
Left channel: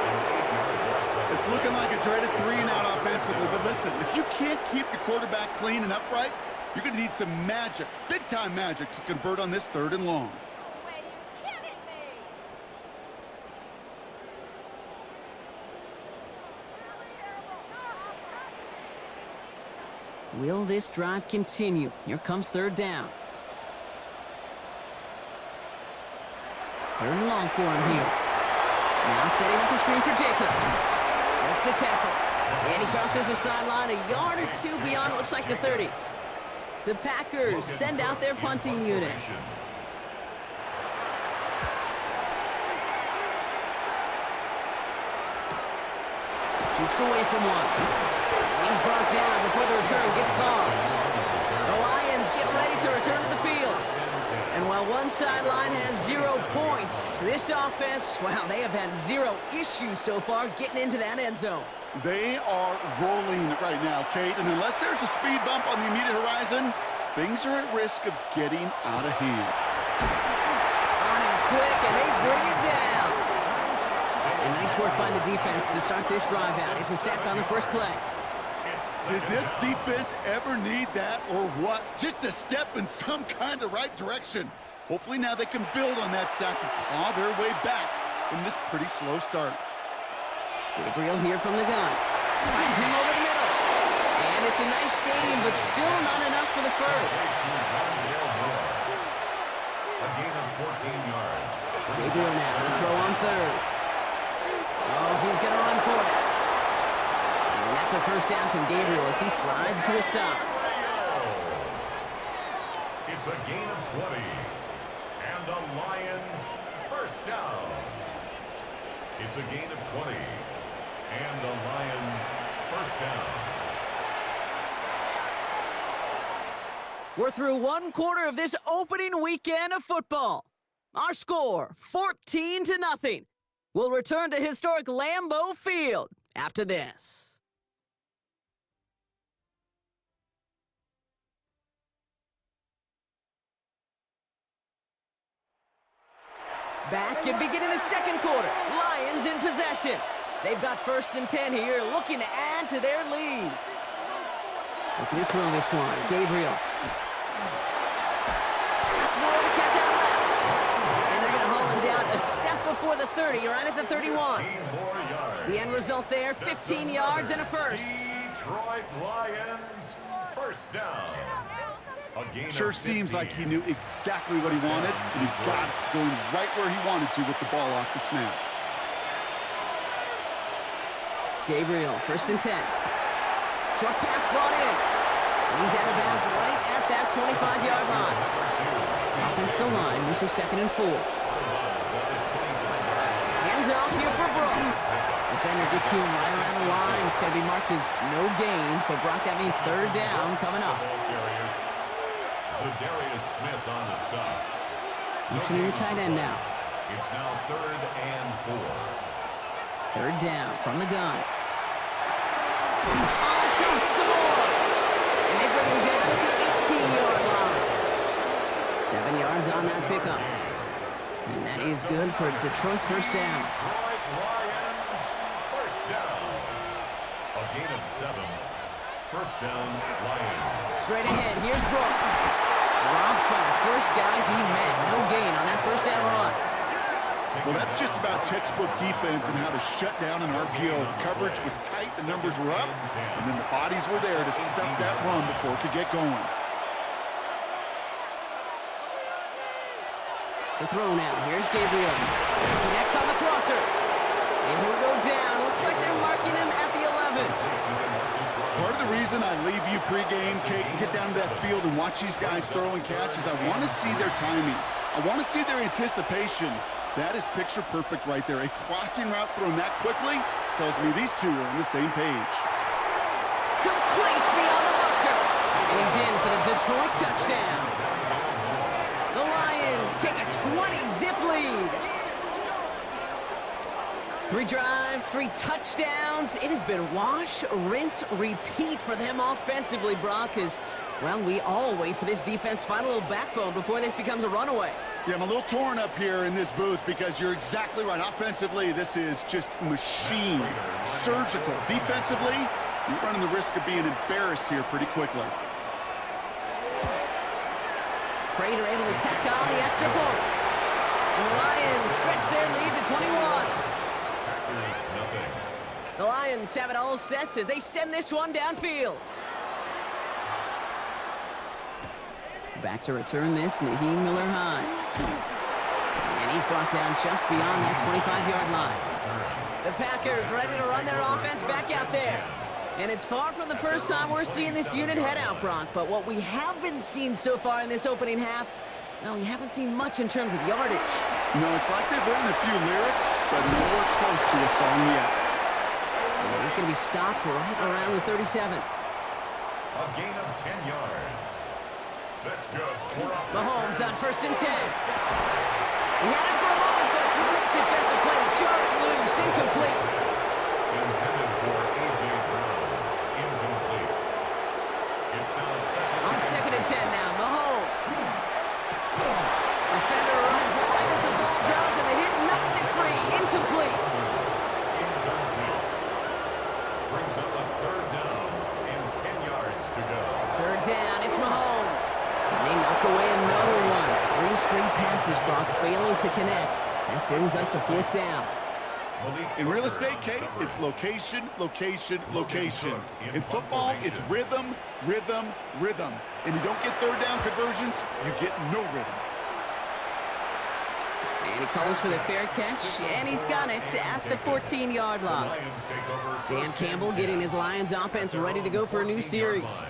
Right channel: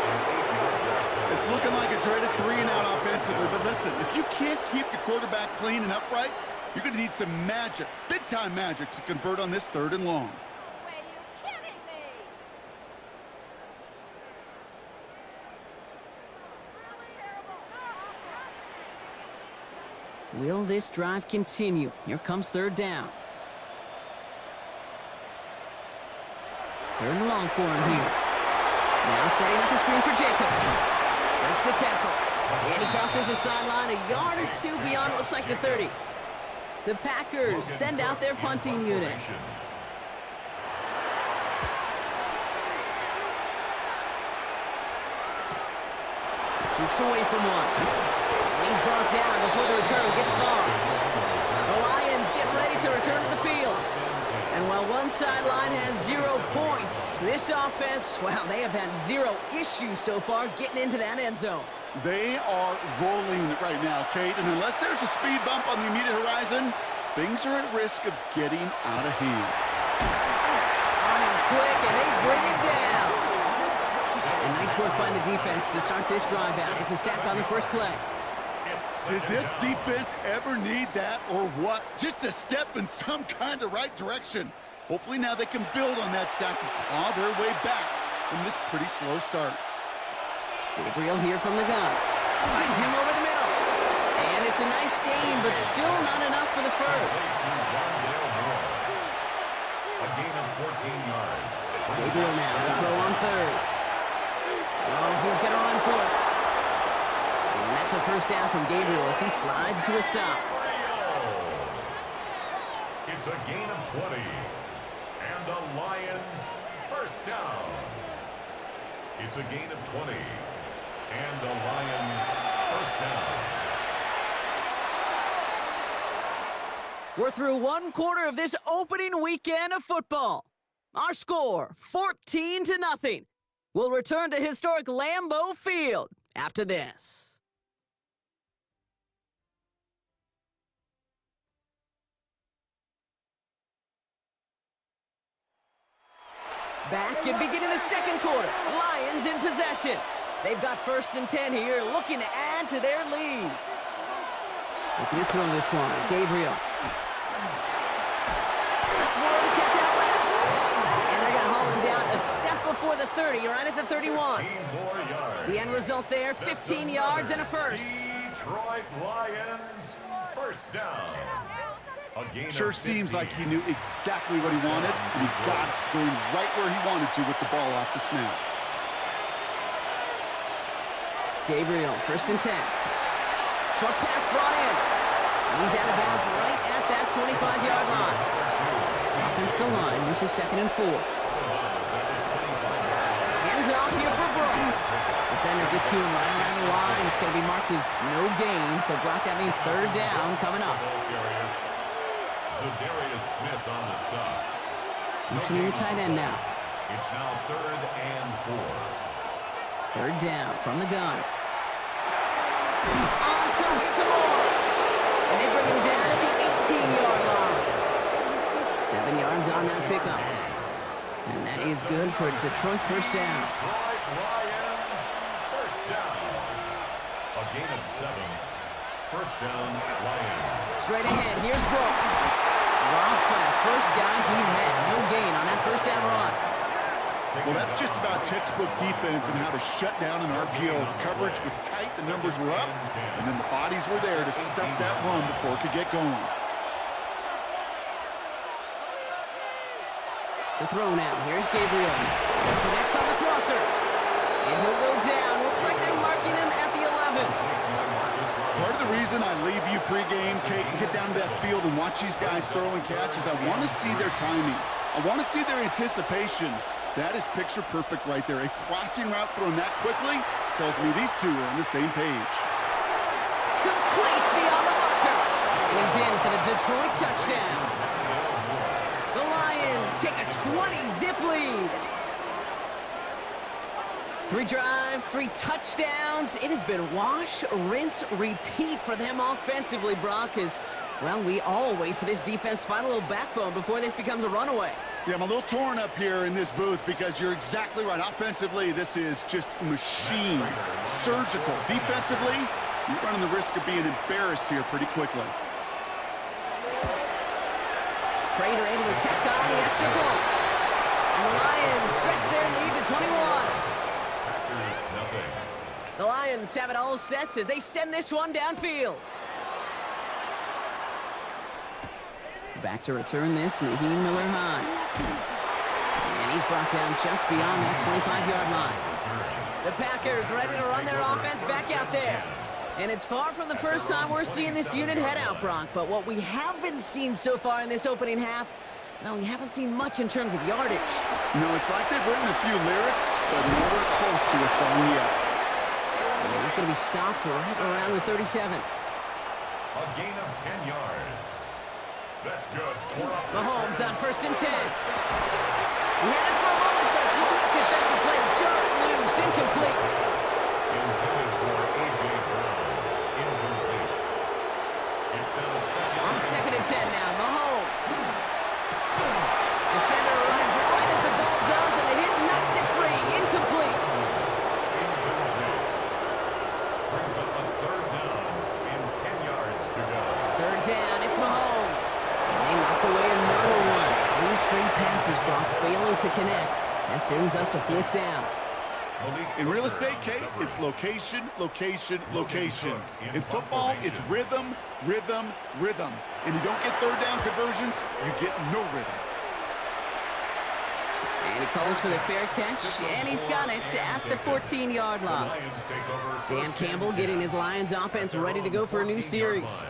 It's looking like a dreaded 3-and-out offensively, but listen, if you can't keep your quarterback clean and upright, you're going to need some magic, big-time magic, to convert on this 3rd and long. Wait, are you kidding me? Really terrible. Will this drive continue? Here comes 3rd down. 3rd and long for him here. Now setting up the screen for Jacobs. Breaks the tackle. And he crosses the sideline a yard or 2 beyond, it looks like the 30. The Packers send out their punting unit. Jukes away from one. And he's brought down before the return gets far. The Lions get ready to return to the field. And while one sideline has 0 points, this offense, well, they have had 0 issues so far getting into that end zone. They are rolling right now, Kate, and unless there's a speed bump on the immediate horizon, things are at risk of getting out of hand. On him quick, and they bring it down. And nice work by the defense to start this drive out. It's a sack on the 1st play. Did this defense ever need that or what? Just a step in some kind of right direction. Hopefully now they can build on that sack and claw their way back from this pretty slow start. Gabriel here from the gun. Finds him over the middle. And it's a nice gain, but still not enough for the 1st. A gain of 14 yards. Gabriel now to throw on 3rd. Oh, he's going to run for it. And that's a 1st down from Gabriel as he slides to a stop. It's a gain of 20. And the Lions 1st down. It's a gain of 20. And the Lions 1st down. We're through 1 quarter of this opening weekend of football. Our score, 14-0. We'll return to historic Lambeau Field after this. Back and beginning the second quarter. Lions in possession. They've got 1st and 10 here, looking to add to their lead. Looking to throw this one. Gabriel. That's more of the catch out left. And they're going to haul him down a step before the 30, right at the 31. The end result there, 15 yards and a first. Detroit Lions, first down. Sure seems like he knew exactly what he wanted, and he got it, going right where he wanted to with the ball off the snap. Gabriel, 1st and 10. Short pass brought in. And he's out of bounds right at that 25-yard line. Offensive line, this is 2nd and 4. Hands off here for Brooks. Defender gets to him right around the line. It's going to be marked as no gain, so Brock, that means 3rd down coming up. Smith on the stop. Motioning the tight end now. It's now 3rd and 4. 3rd down from the gun. On target to Moore. And they bring him down at the 18-yard line. 7 yards on that pickup. And that is good for Detroit, 1st down. Detroit Lions, 1st down. A gain of 7. 1st down, Lions. Straight ahead, here's Brooks. Dropped by the first guy he met. No gain on that 1st down run. Well, that's just about textbook defense and how to shut down an RPO. The coverage was tight, the numbers were up, and then the bodies were there to stuff that run before it could get going. To throw now. Here's Gabriel. Connects on the crosser. And he'll go down. Looks like they're marking him at the 11. Part of the reason I leave you pregame, Kate, and get down to that field and watch these guys throw and catch is I want to see their timing. I want to see their anticipation. That is picture perfect right there. A crossing route thrown that quickly tells me these two are on the same page. Complete beyond the marker. And he's in for the Detroit touchdown. The Lions take a 20-zip lead. 3 drives, 3 touchdowns. It has been wash, rinse, repeat for them offensively, Brock, as, well, we all wait for this defense to find a little backbone before this becomes a runaway. Yeah, I'm a little torn up here in this booth because you're exactly right. Offensively, this is just machine, surgical. Defensively, you're running the risk of being embarrassed here pretty quickly. Prater able to tack on the extra point. And the Lions stretch their lead to 21. The Lions have it all set as they send this one downfield. Back to return this, Naheem Miller-Hines. And he's brought down just beyond that 25-yard line. The Packers ready to run their offense back out there. And it's far from the first time we're seeing this unit head out, Brock. But what we haven't seen so far in this opening half, well, we haven't seen much in terms of yardage. No, it's like they've written a few lyrics, but nowhere close to a song yet. And he's going to be stopped right around the 37. A gain of 10 yards. That's good. Mahomes on 1st and 10. He had it for a moment, but a great defensive play to jar it loose. Incomplete. Intended for A.J. Brown. Incomplete. It's now on 2nd and 10 now. Mahomes. Defender arrives right as the ball does, and the hit knocks it free. Incomplete. Brings up a 3rd down and 10 yards to go. 3rd down, it's Mahomes. And they knock away another one. 3 straight passes, Brock, failing to connect. That brings us to 4th down. In real estate, Kate, it's location, location, location. In football, it's rhythm, rhythm, rhythm. And you don't get 3rd down conversions, you get no rhythm. And he calls for the fair catch, and he's got it at the 14-yard line. Dan Campbell getting his Lions offense ready to go for a new series.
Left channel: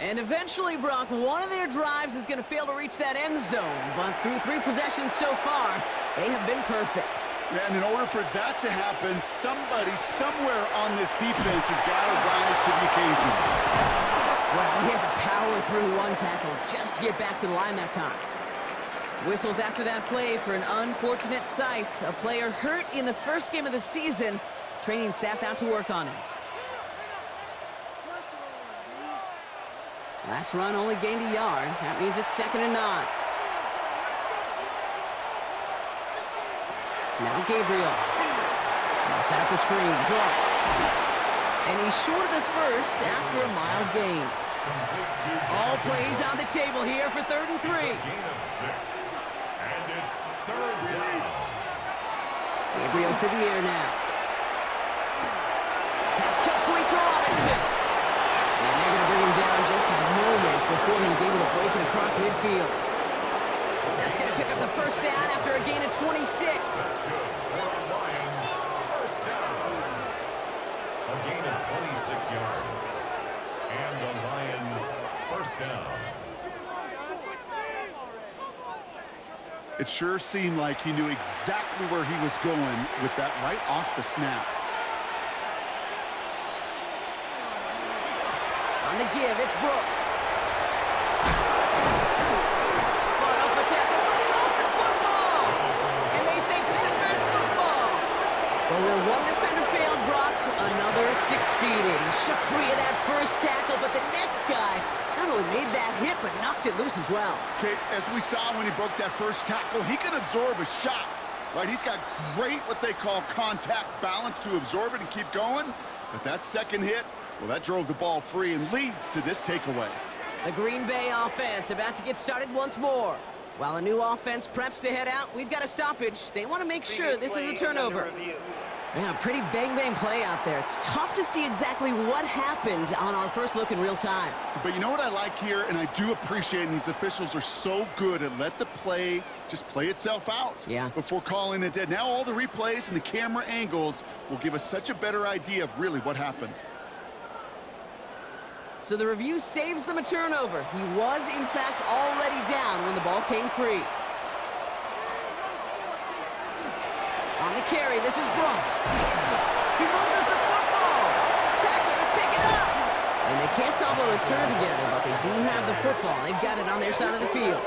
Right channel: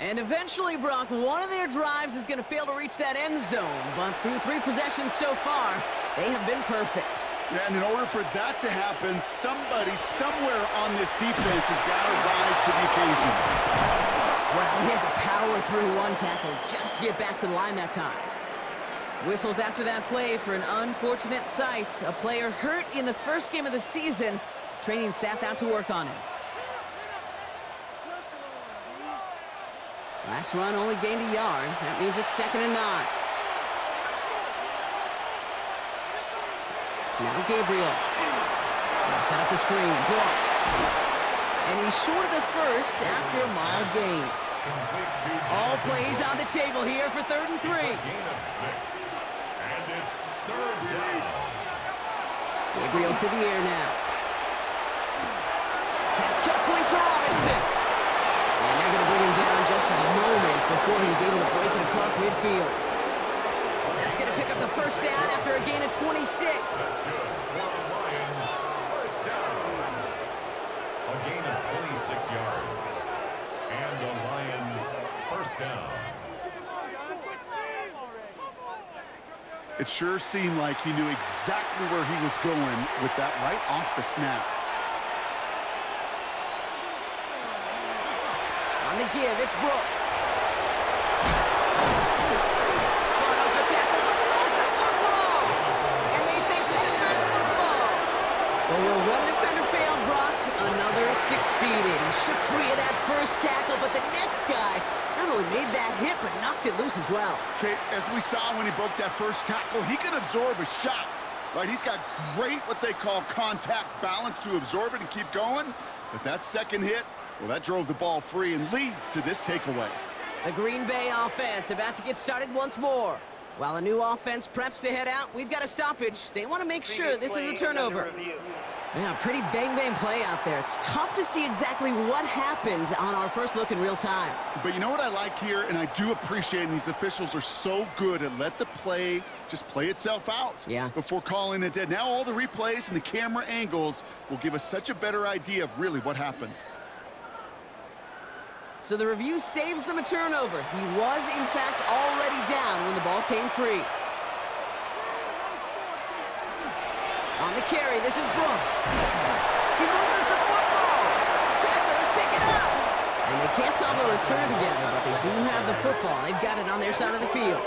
And eventually, Brock, one of their drives is going to fail to reach that end zone. But through 3 possessions so far, they have been perfect. Yeah, and in order for that to happen, somebody somewhere on this defense has got to rise to the occasion. Well, he had to power through 1 tackle just to get back to the line that time. Whistles after that play for an unfortunate sight. A player hurt in the first game of the season. Training staff out to work on him. Last run only gained a yard. That means it's 2nd and 9. Now Gabriel. Now set up the screen. Brooks. And he's short of the first after a mild gain. All plays on the table here for 3rd and 3. Gain of 6. And it's 3rd down. Gabriel to the air now. Pass complete to Robinson. And they're going to bring him down just a moment before he's able to break it across midfield. That's going to pick up the first down after a gain of 26. That's good for the Lions. First down. A gain of 26 yards. And the Lions first down. It sure seemed like he knew exactly where he was going with that right off the snap. On the give, it's Brooks. Fought off a tackle, but he lost the football. And they say Packers football. But where one defender failed, Brock, another succeeded. He shook free of that first tackle, but the next guy not only made that hit, but knocked it loose as well. Okay, as we saw when he broke that first tackle, he can absorb a shot, right? He's got great, what they call contact balance to absorb it and keep going. But that second hit, well, that drove the ball free and leads to this takeaway. The Green Bay offense about to get started once more. While a new offense preps to head out, we've got a stoppage. They want to make sure this is a turnover. Yeah, pretty bang-bang play out there. It's tough to see exactly what happened on our first look in real time. But you know what I like here, and I do appreciate, and these officials are so good at let the play just play itself out before calling it dead. Now all the replays and the camera angles will give us such a better idea of really what happened. So the review saves them a turnover. He was, in fact, already down when the ball came free. On the carry, this is Brooks. He loses the football. Packers pick it up. And they can't cobble a return together, but they do have the football. They've got it on their side of the field.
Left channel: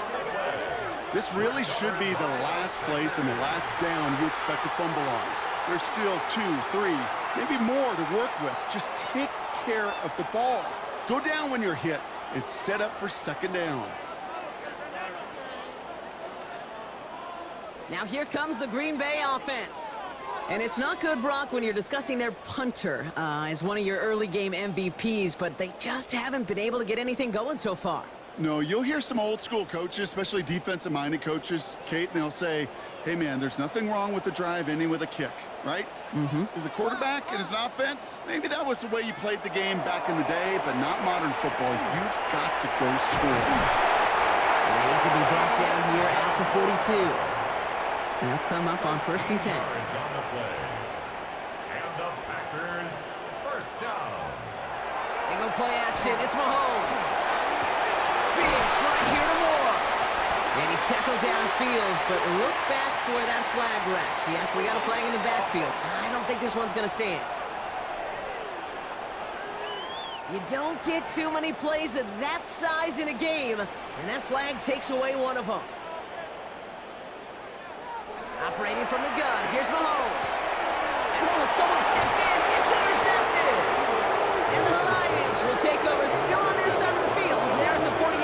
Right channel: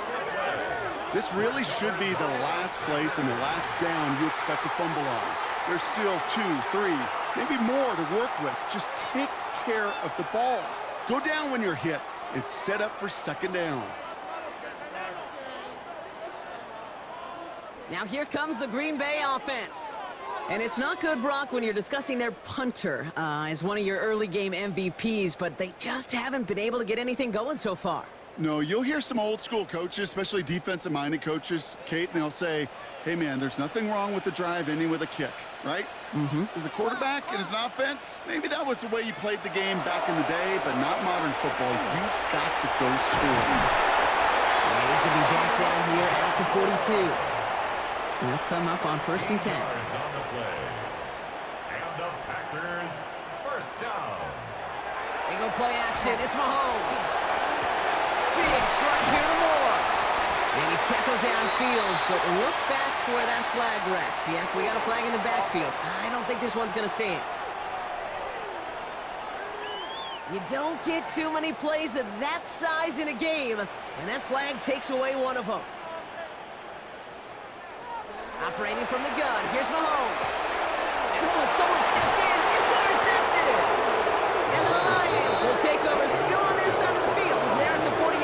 This really should be the last place and the last down you expect to fumble on. There's still 2, 3, maybe more to work with. Just take care of the ball. Go down when you're hit and set up for second down. Now here comes the Green Bay offense. And it's not good, Brock, when you're discussing their punter as one of your early game MVPs, but they just haven't been able to get anything going so far. No, you'll hear some old school coaches, especially defensive-minded coaches, Kate, and they'll say, hey, man, there's nothing wrong with the drive ending with a kick, right? As a quarterback and as an offense, maybe that was the way you played the game back in the day, but not modern football. You've got to go score. And he's going to be brought down here at the 42. They'll come up on 1st and 10. Yards on the play. And the Packers first down. They go play action. It's Mahomes. Big strike here to Moore. And he's tackled downfield, but look back where that flag rests. Yep, we got a flag in the backfield. I don't think this one's going to stand. You don't get too many plays of that size in a game, and that flag takes away one of them. Operating from the gun, here's Mahomes. And someone stepped in, it's intercepted. And the Lions will take over still on their side of the field. They're at the 48.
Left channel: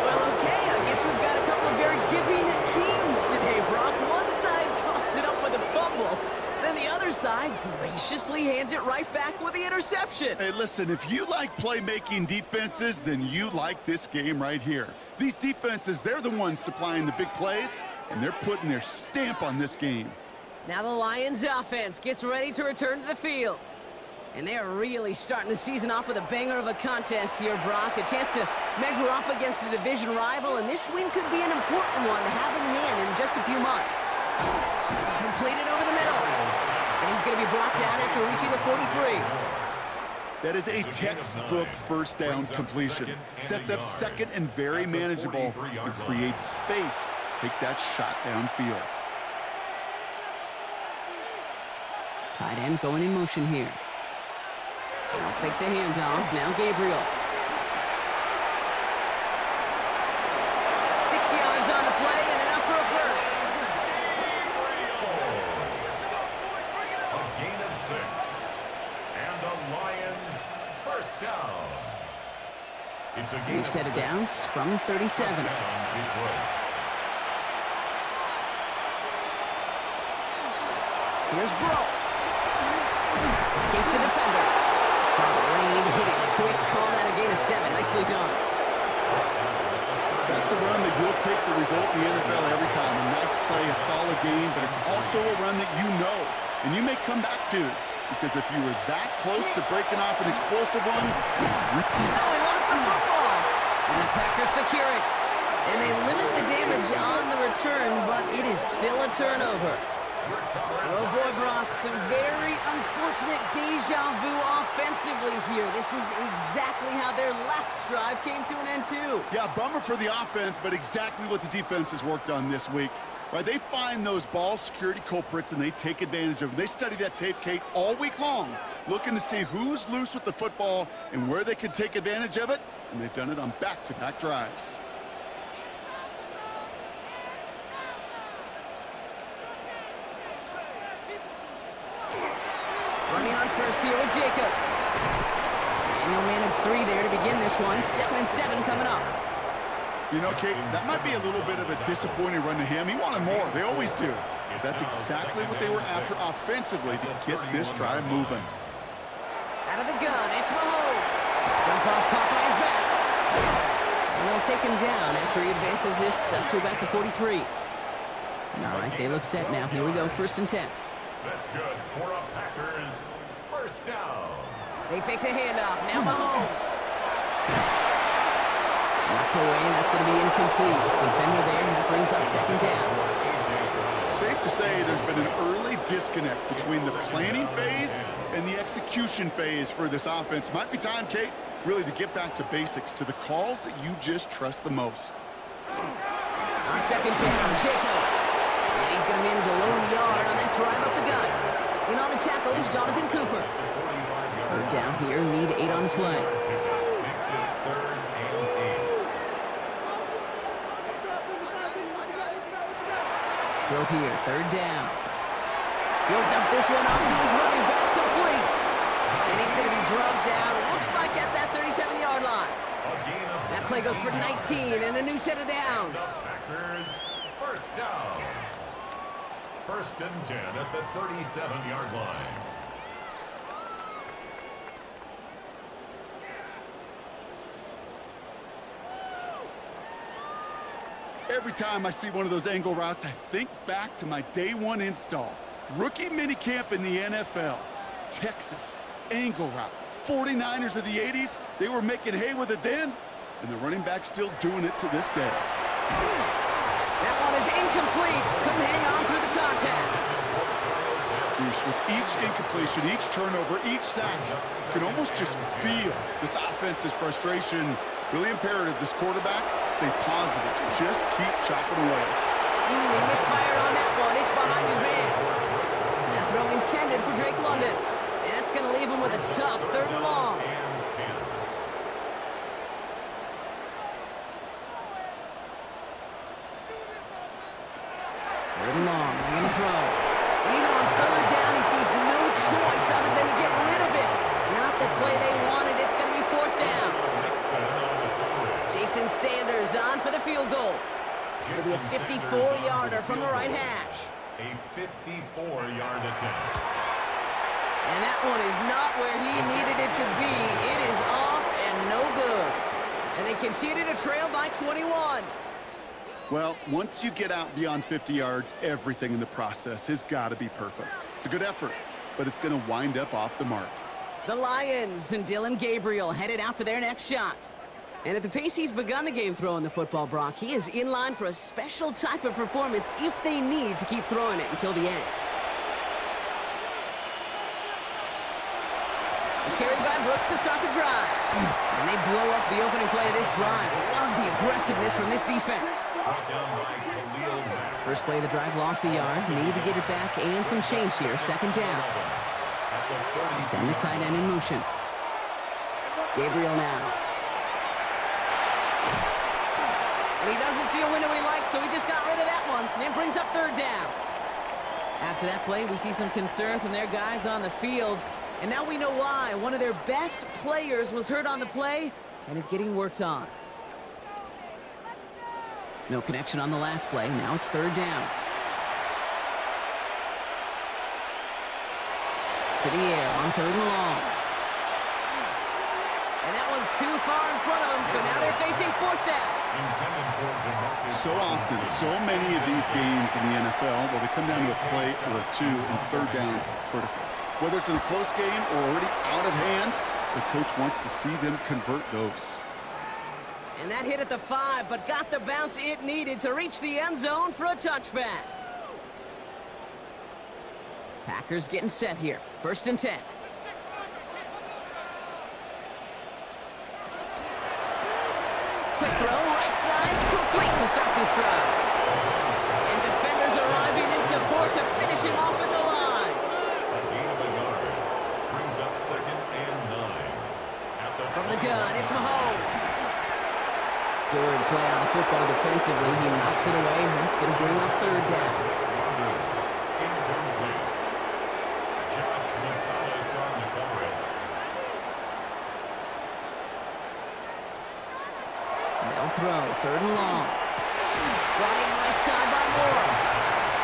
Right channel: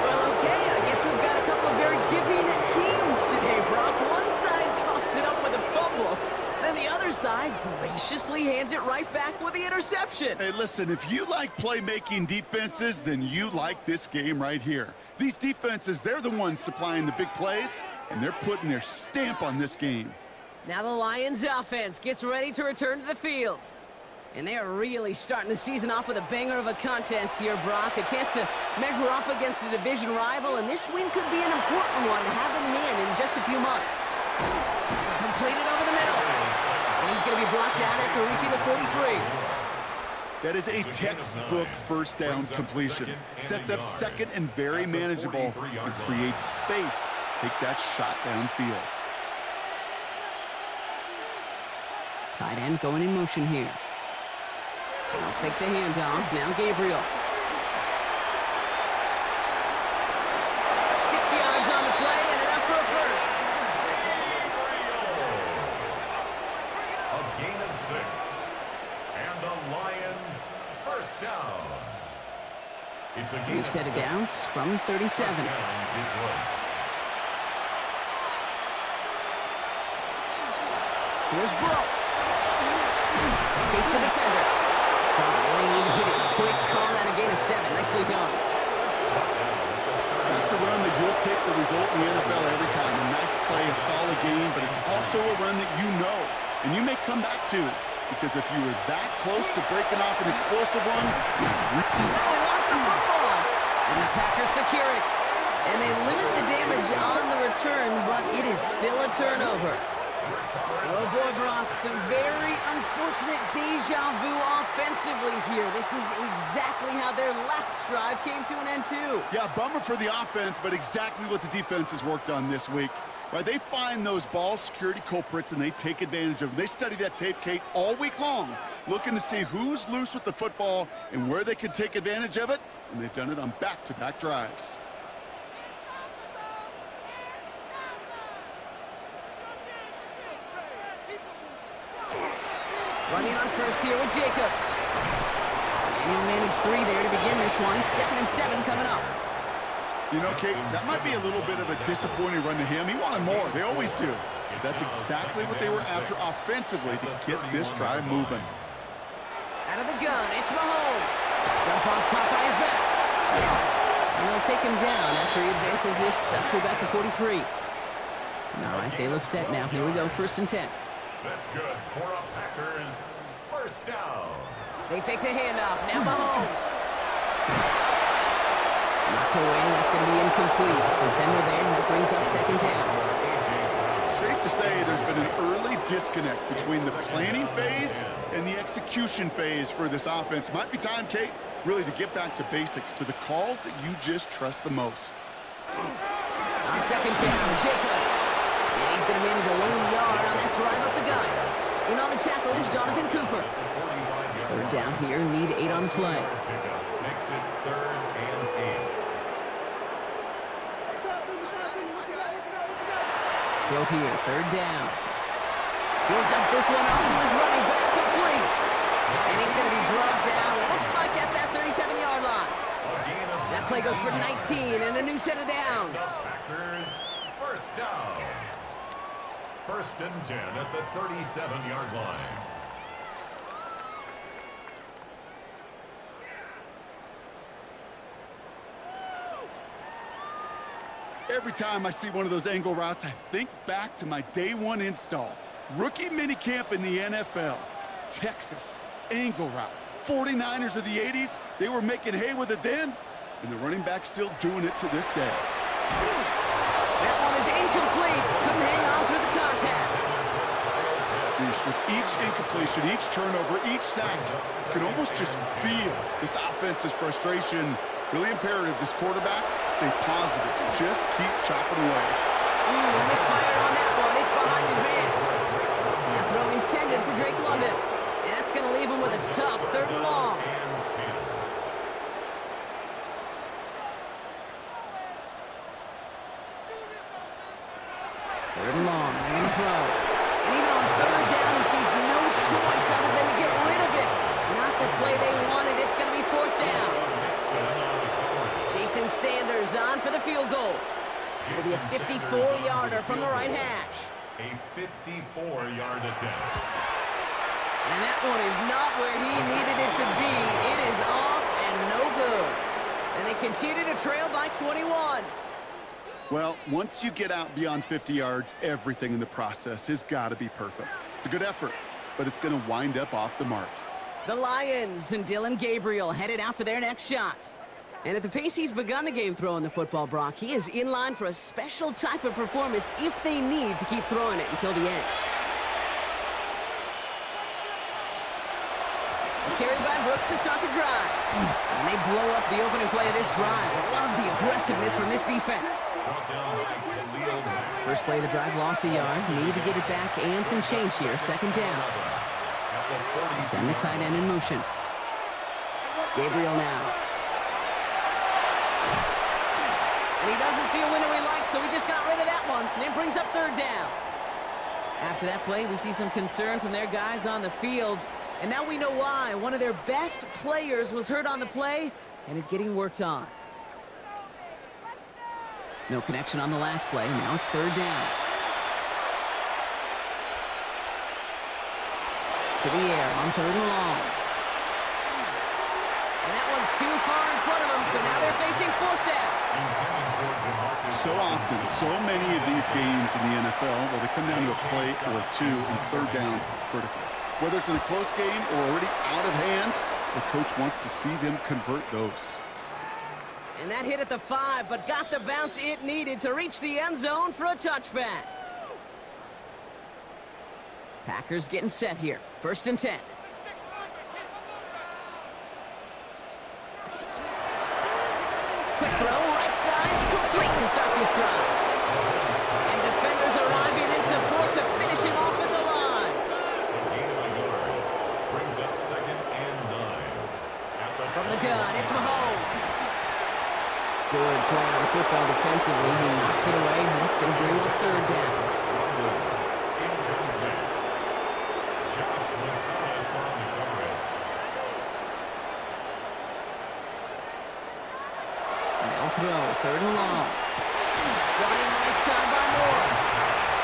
Well, okay, I guess we've got a couple of very giving teams today, Brock. One side coughs it up with a fumble, then the other side graciously hands it right back with the interception. Hey, listen, if you like playmaking defenses, then you like this game right here. These defenses, they're the ones supplying the big plays, and they're putting their stamp on this game. Now the Lions offense gets ready to return to the field. And they are really starting the season off with a banger of a contest here, Brock. A chance to measure up against a division rival, and this win could be an important one to have in hand in just a few months. Completed over the middle. And he's going to be brought down after reaching the 43. That is a textbook first down completion. Sets up second and very manageable and creates space to take that shot downfield. Tight end going in motion here. Now fake the handoff. Now Gabriel. 6 yards on the play and enough for a first. A gain of 6. And the Lions first down. It's a gain We've set it down from 37. First down, Detroit. Here's Brooks. Escapes the defender. Saw the lane, hit it quick, call that a gain of 7. Nicely done. That's a run that you'll take the result in the NFL every time. A nice play, a solid game, but it's also a run that you know, and you may come back to, because if you were that close to breaking off an explosive run... Oh, he lost the football. And the Packers secure it. And they limit the damage on the return, but it is still a turnover. Oh boy, Brock, some very unfortunate deja vu offensively here. This is exactly how their last drive came to an end too. Yeah, bummer for the offense, but exactly what the defense has worked on this week. Right, they find those ball security culprits and they take advantage of them. They study that tape, Kate, all week long, looking to see who's loose with the football and where they can take advantage of it, and they've done it on back-to-back drives. Running on first here with Jacobs. And he'll manage 3 there to begin this one. 2nd and 7 coming up. You know, Kate, that might be a little bit of a disappointing run to him. He wanted more. They always do. That's exactly what they were after offensively to get this drive moving. Out of the gun, it's Mahomes. Jump off, caught by his back. And they'll take him down after he advances this up to about the 43. All right, they look set now. Here we go, 1st and 10. That's good for a Packers first down. They fake the handoff. Now Mahomes. Knocked away. That's going to be incomplete. Defender there. That brings up 2nd down. Safe to say there's been an early disconnect between the planning phase and the execution phase for this offense. Might be time, Kate, really to get back to basics, to the calls that you just trust the most. On 2nd down, Jacobs. And he's going to manage a lone yard on that drive up the gut. In on the tackle is Jonathan Cooper. 3rd down here, need 8 on the play. Makes it 3rd and 8. Throw here, 3rd down. He'll dump this one off to his running back, complete. And he's going to be drugged down, looks like at that 37-yard line. That play goes for 19 and a new set of downs. Packers first down. 1st and 10 at the 37-yard line. Every time I see one of those angle routes, I think back to my day 1 install. Rookie minicamp in the NFL. Texas, angle route. 49ers of the 80s, they were making hay with it then, and the running back's still doing it to this day. That one is incomplete. Couldn't hang on through the contact. With each incompletion, each turnover, each sack, you can almost just feel this offense's frustration. Really imperative, this quarterback, stay positive. Just keep chopping away. He misfired on that one. It's behind his man. That throw intended for Drake London. And that's going to leave him with a tough 3rd and long. 3rd and long, they're going to throw. And even on 3rd down, he sees no choice other than to get rid of it. Not the play they wanted. It's going to be 4th down. Jason Sanders on for the field goal. It'll be a 54-yarder from the right hash. A 54-yard attempt. And that one is not where he needed it to be. It is off and no good. And they continue to trail by 21. Well, once you get out beyond 50 yards, everything in the process has got to be perfect. It's a good effort, but it's going to wind up off the mark. The Lions and Dylan Gabriel headed out for their next shot. And at the pace he's begun the game throwing the football, Brock, he is in line for a special type of performance if they need to keep throwing it until the end. Carried by Brooks to start the drive. And they blow up the opening play of this drive. Love the aggressiveness from this defense. First play of the drive, lost a yard. Need to get it back and some change here. 2nd down. Send the tight end in motion. Gabriel now. And he doesn't see a window he likes, so he just got rid of that one. And then brings up 3rd down. After that play, we see some concern from their guys on the field. And now we know why. One of their best players was hurt on the play and is getting worked on. No connection on the last play. Now it's 3rd down. To the air on 3rd and long. And that one's too far in front of them, so now they're facing 4th down. So often, so many of these games in the NFL, well, they come down to a play or two, and 3rd downs are critical. Whether it's in a close game or already out of hand, the coach wants to see them convert those. And that hit at the 5, but got the bounce it needed to reach the end zone for a touchback. Packers getting set here. 1st and 10. Quick throw, right side, complete to start this drive. And defenders arriving in support to finish him off at the line. A gain of a yard. Brings up 2nd and 9. From the gun, it's Mahomes. Good play on the football defensively. He knocks it away. That's going to bring up 3rd down. Incomplete. Josh Metcalf on the coverage. They'll throw, 3rd and long. Brought in right side by Moore.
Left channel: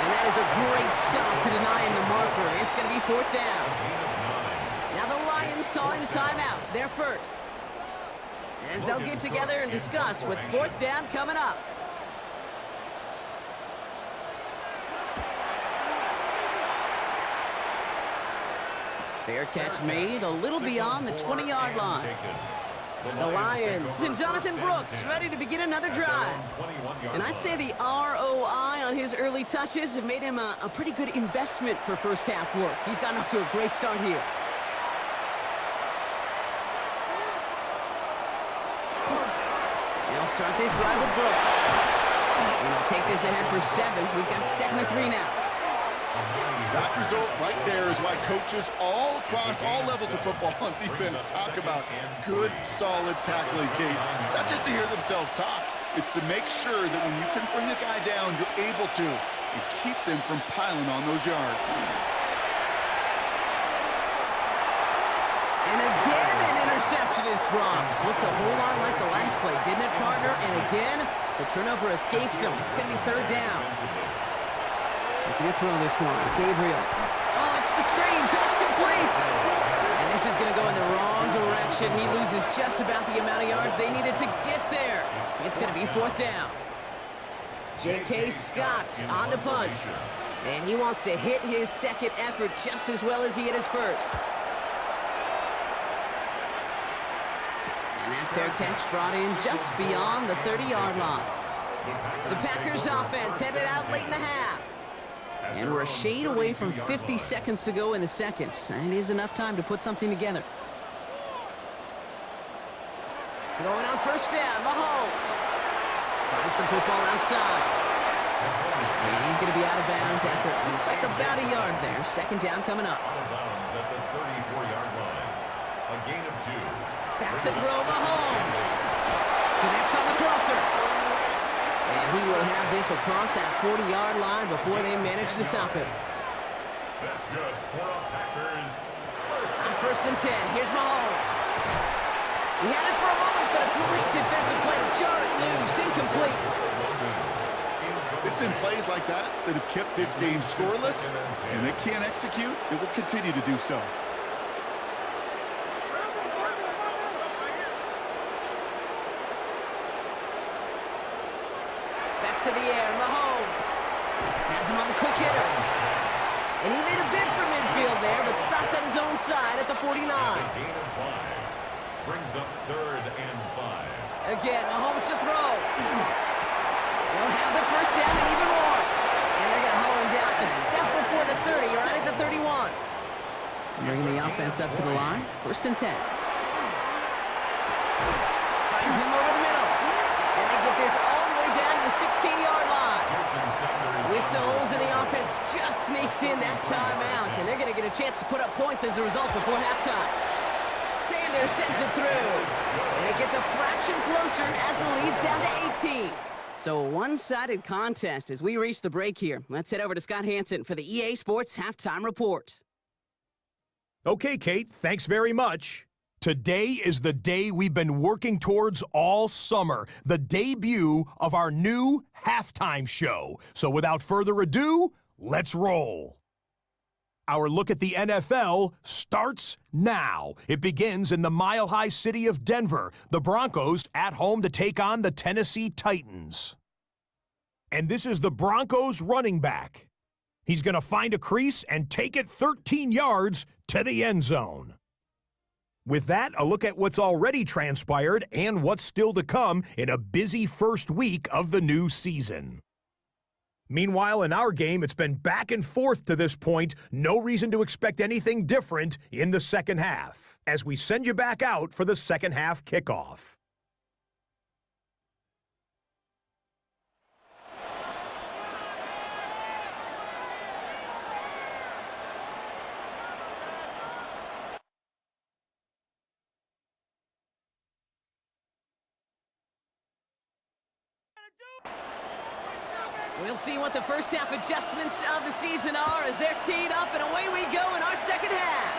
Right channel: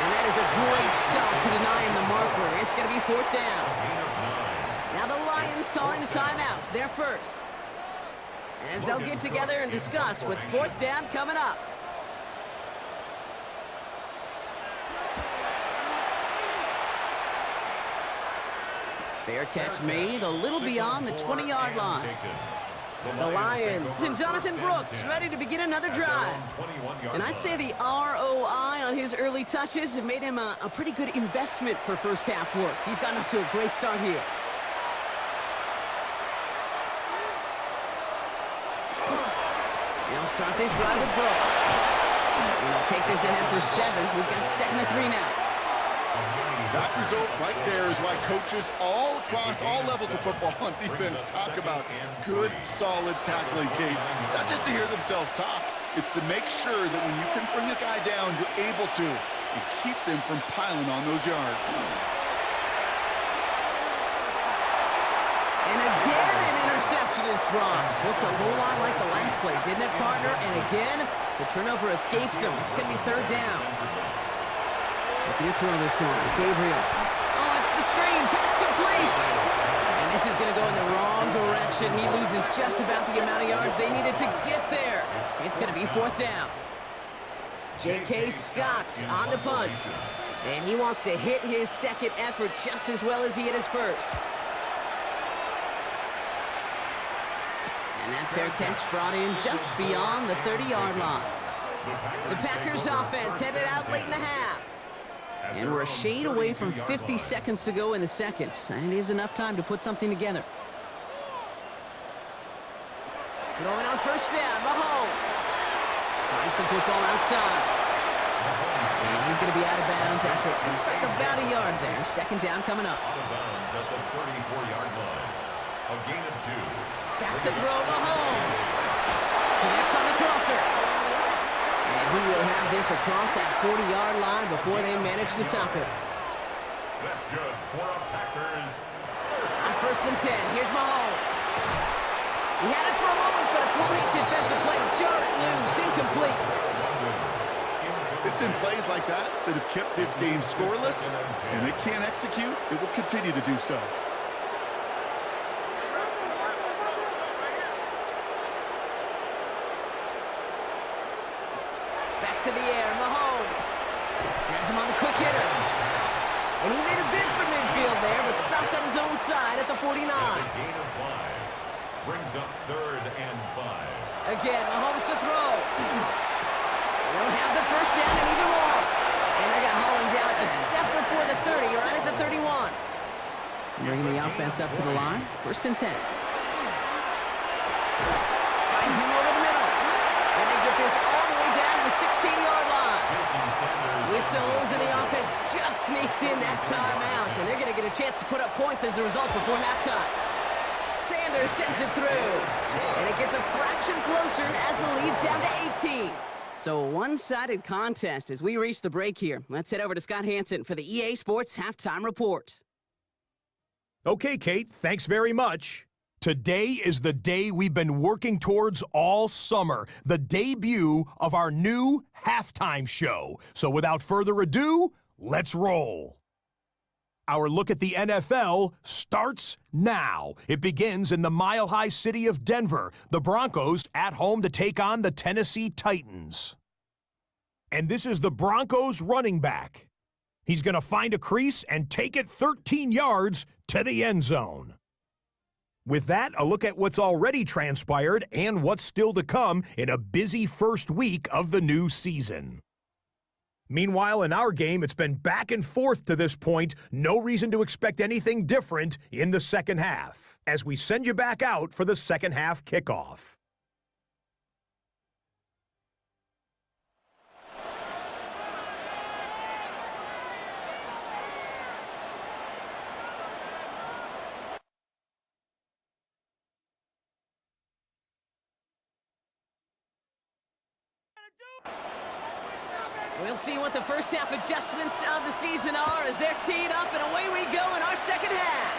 And that is a great stop to deny him the marker. It's going to be 4th down. Now the Lions calling a timeout. They're first. As they'll get together and discuss with 4th down coming up. Fair catch made a little beyond the 20-yard line. The Lions and Jonathan Brooks ready to begin another drive. And I'd say the ROI on his early touches have made him a pretty good investment for first half work. He's gotten off to a great start here. They'll start this drive with Brooks. And they'll take this ahead for 7. We've got 2nd and 3 now. That result right there is why coaches all across all levels of football on defense talk about good, solid tackling, Kate. It's not just to hear themselves talk. It's to make sure that when you can bring a guy down, you're able to, and keep them from piling on those yards. And again, an interception is dropped. Looked a whole lot like the last play, didn't it, partner? And again, the turnover escapes him. It's going to be 3rd down. Looking to throw this one. Gabriel. Oh, it's the screen. Pass complete. And this is going to go in the wrong direction. He loses just about the amount of yards they needed to get there. It's going to be 4th down. J.K. Scott on the punt. And he wants to hit his 2nd effort just as well as he hit his 1st. And that fair catch brought in just beyond the 30-yard line. The Packers offense headed out late in the half. And we're a shade away from 50 seconds to go in the 2nd. And it is enough time to put something together. Going on 1st down, Mahomes. Finds the football outside. And he's going to be out of bounds after it looks like about a yard there. 2nd down coming up. Out of bounds at the 34-yard line. A gain of 2. Back to throw, Mahomes. Connects on the crosser. And he will have this across that 40-yard line before they manage to stop him. That's good for a Packers. On 1st and 10, here's Mahomes. He had it for a moment, but a great defensive play to jar it loose. Incomplete. It's been plays like that that have kept this game scoreless, and they can't execute. It will continue to do so. Back to the air, Mahomes. Has him on the quick hitter. And he made a bid for midfield there, but stopped on his own side at the 49. Gain of 5. Brings up 3rd and 5. Again, Mahomes to throw. They'll have the 1st down and even more. And they're going to haul him down a step before the 30, right at the 31. Bringing the offense up to the line. 1st and 10. Finds him over the middle. And they get this all the way down to the 16-yard line. Whistles, and the offense just sneaks in that timeout. And they're going to get a chance to put up points as a result before halftime. Sanders sends it through. And it gets a fraction closer as the lead's down to 18. So a one-sided contest as we reach the break here. Let's head over to Scott Hansen for the EA Sports Halftime Report. Okay, Kate, thanks very much. Today is the day we've been working towards all summer, the debut of our new halftime show. So without further ado, let's roll. Our look at the NFL starts now. It begins in the mile-high city of Denver. The Broncos at home to take on the Tennessee Titans. And this is the Broncos running back. He's going to find a crease and take it 13 yards to the end zone. With that, a look at what's already transpired and what's still to come in a busy first week of the new season. Meanwhile, in our game, it's been back and forth to this point. No reason to expect anything different in the second half, as we send you back out for the second half kickoff. We'll see what the first half adjustments of the season are as they're teed up, and away we go in our second half.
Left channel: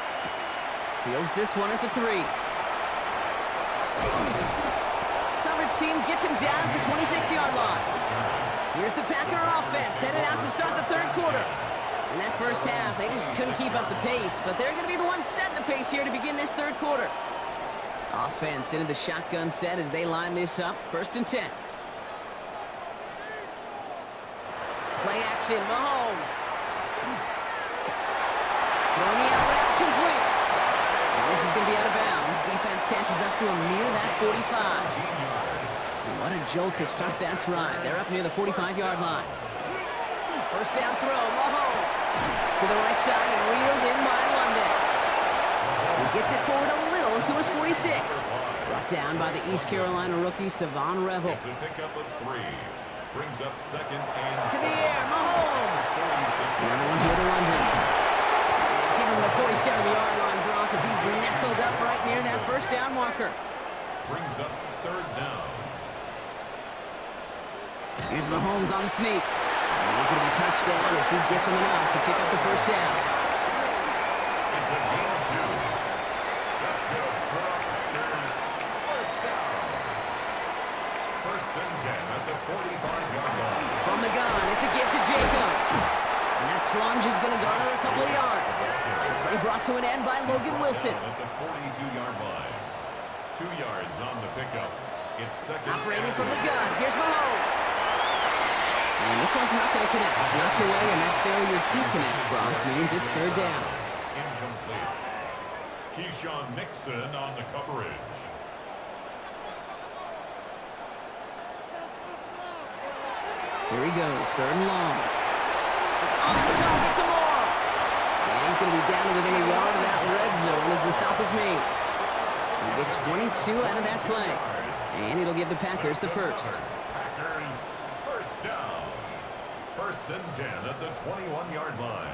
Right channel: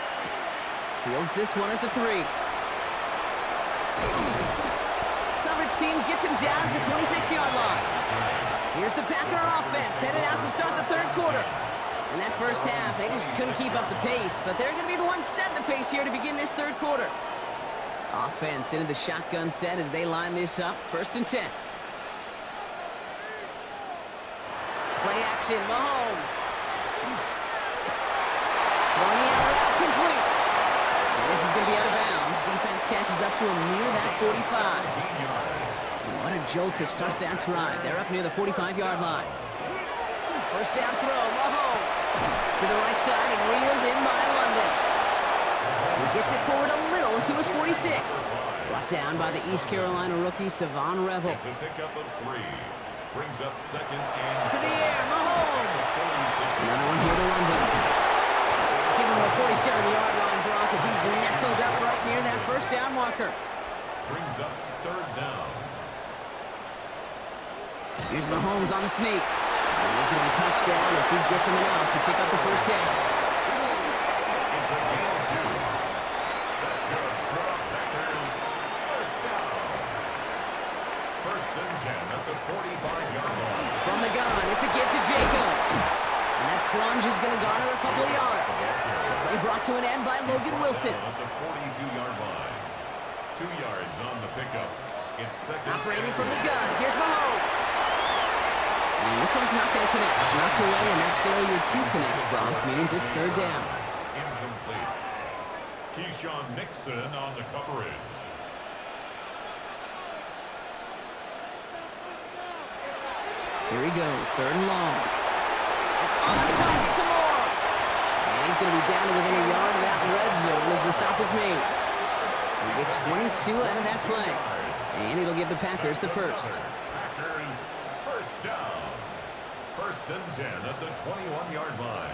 Fields this one at the 3. Coverage team gets him down at the 26-yard line. Here's the Packer offense headed out to start the third quarter. In that first half, they just couldn't keep up the pace, but they're going to be the ones setting the pace here to begin this third quarter. Offense into the shotgun set as they line this up. 1st and 10. Play action, Mahomes. Throwing the out route complete. And this is going to be out of bounds. Defense catches up to him near that 45. And what a jolt to start that drive. They're up near the 45-yard line. First down throw, Mahomes. To the right side and reeled in by London. He gets it forward a little into his 46. Brought down by the East Carolina rookie, Savon Revel. It's a pickup of 3. Brings up 2nd and to the air, Mahomes. Another one here to London. Give him the 47-yard line, Brock, as he's nestled up right near that first down marker. Brings up 3rd down. Here's Mahomes on the sneak. And he's going to be touched down as he gets him enough to pick up the first down. It's a gain of 2. That's good for the Packers. First down. 1st and 10 at the 45-yard line. From the gun, it's a give to Jacobs. And that plunge is going to garner a couple of yards. Play brought to an end by Logan Wilson. At the 42-yard line. 2 yards on the pickup. It's 2nd. Operating from the gun, here's Mahomes. And this one's not going to connect. Knocked away, and that failure to connect, Brock, means it's 3rd down. Incomplete. Keyshawn Nixon on the coverage. Here he goes, 3rd and long. It's on target to Moore. And he's going to be down to within a yard of that red zone as the stop is made. We get 22 out of that play. And it'll give the Packers the first. Packers, first down. 1st and 10 at the 21-yard line.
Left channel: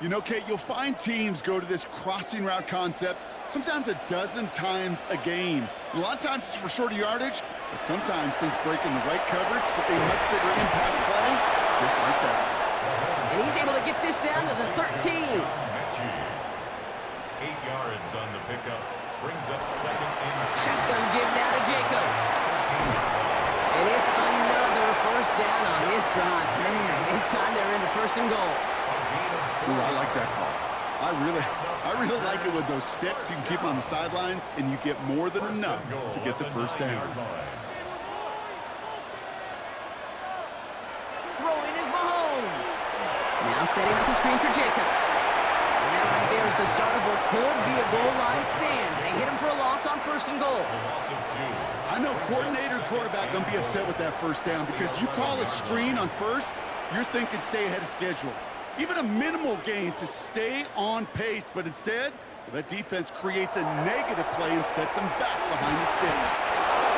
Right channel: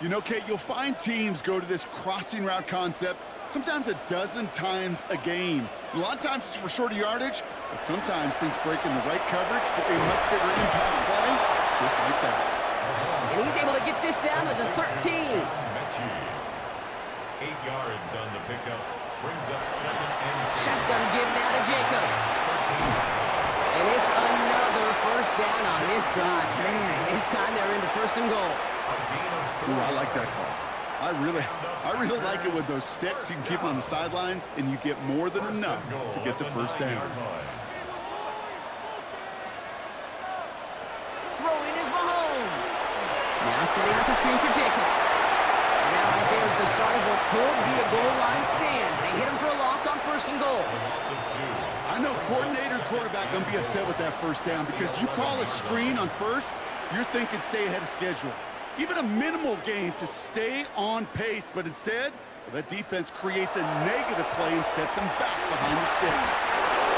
You know, Kate, you'll find teams go to this crossing route concept sometimes a dozen times a game. A lot of times it's for shorter yardage, but sometimes things break in the right coverage for a much bigger impact play, just like that. And he's able to get this down to the 13. 8 yards on the pickup. Brings up 2nd and 2. Shotgun give now to Jacobs. And it's another first down on this drive. Man, this time they're into 1st and goal. Ooh, I like that call. I really like it with those sticks. You can keep them on the sidelines, and you get more than enough to get the first down. Throwing is Mahomes. Now setting up the screen for Jacobs. And that right there is the start of what could be a goal line stand. They hit him for a loss on 1st and goal. I know coordinator and quarterback going to be upset with that first down because you call a screen on 1st, you're thinking stay ahead of schedule. Even a minimal gain to stay on pace, but instead, that defense creates a negative play and sets them back behind the sticks.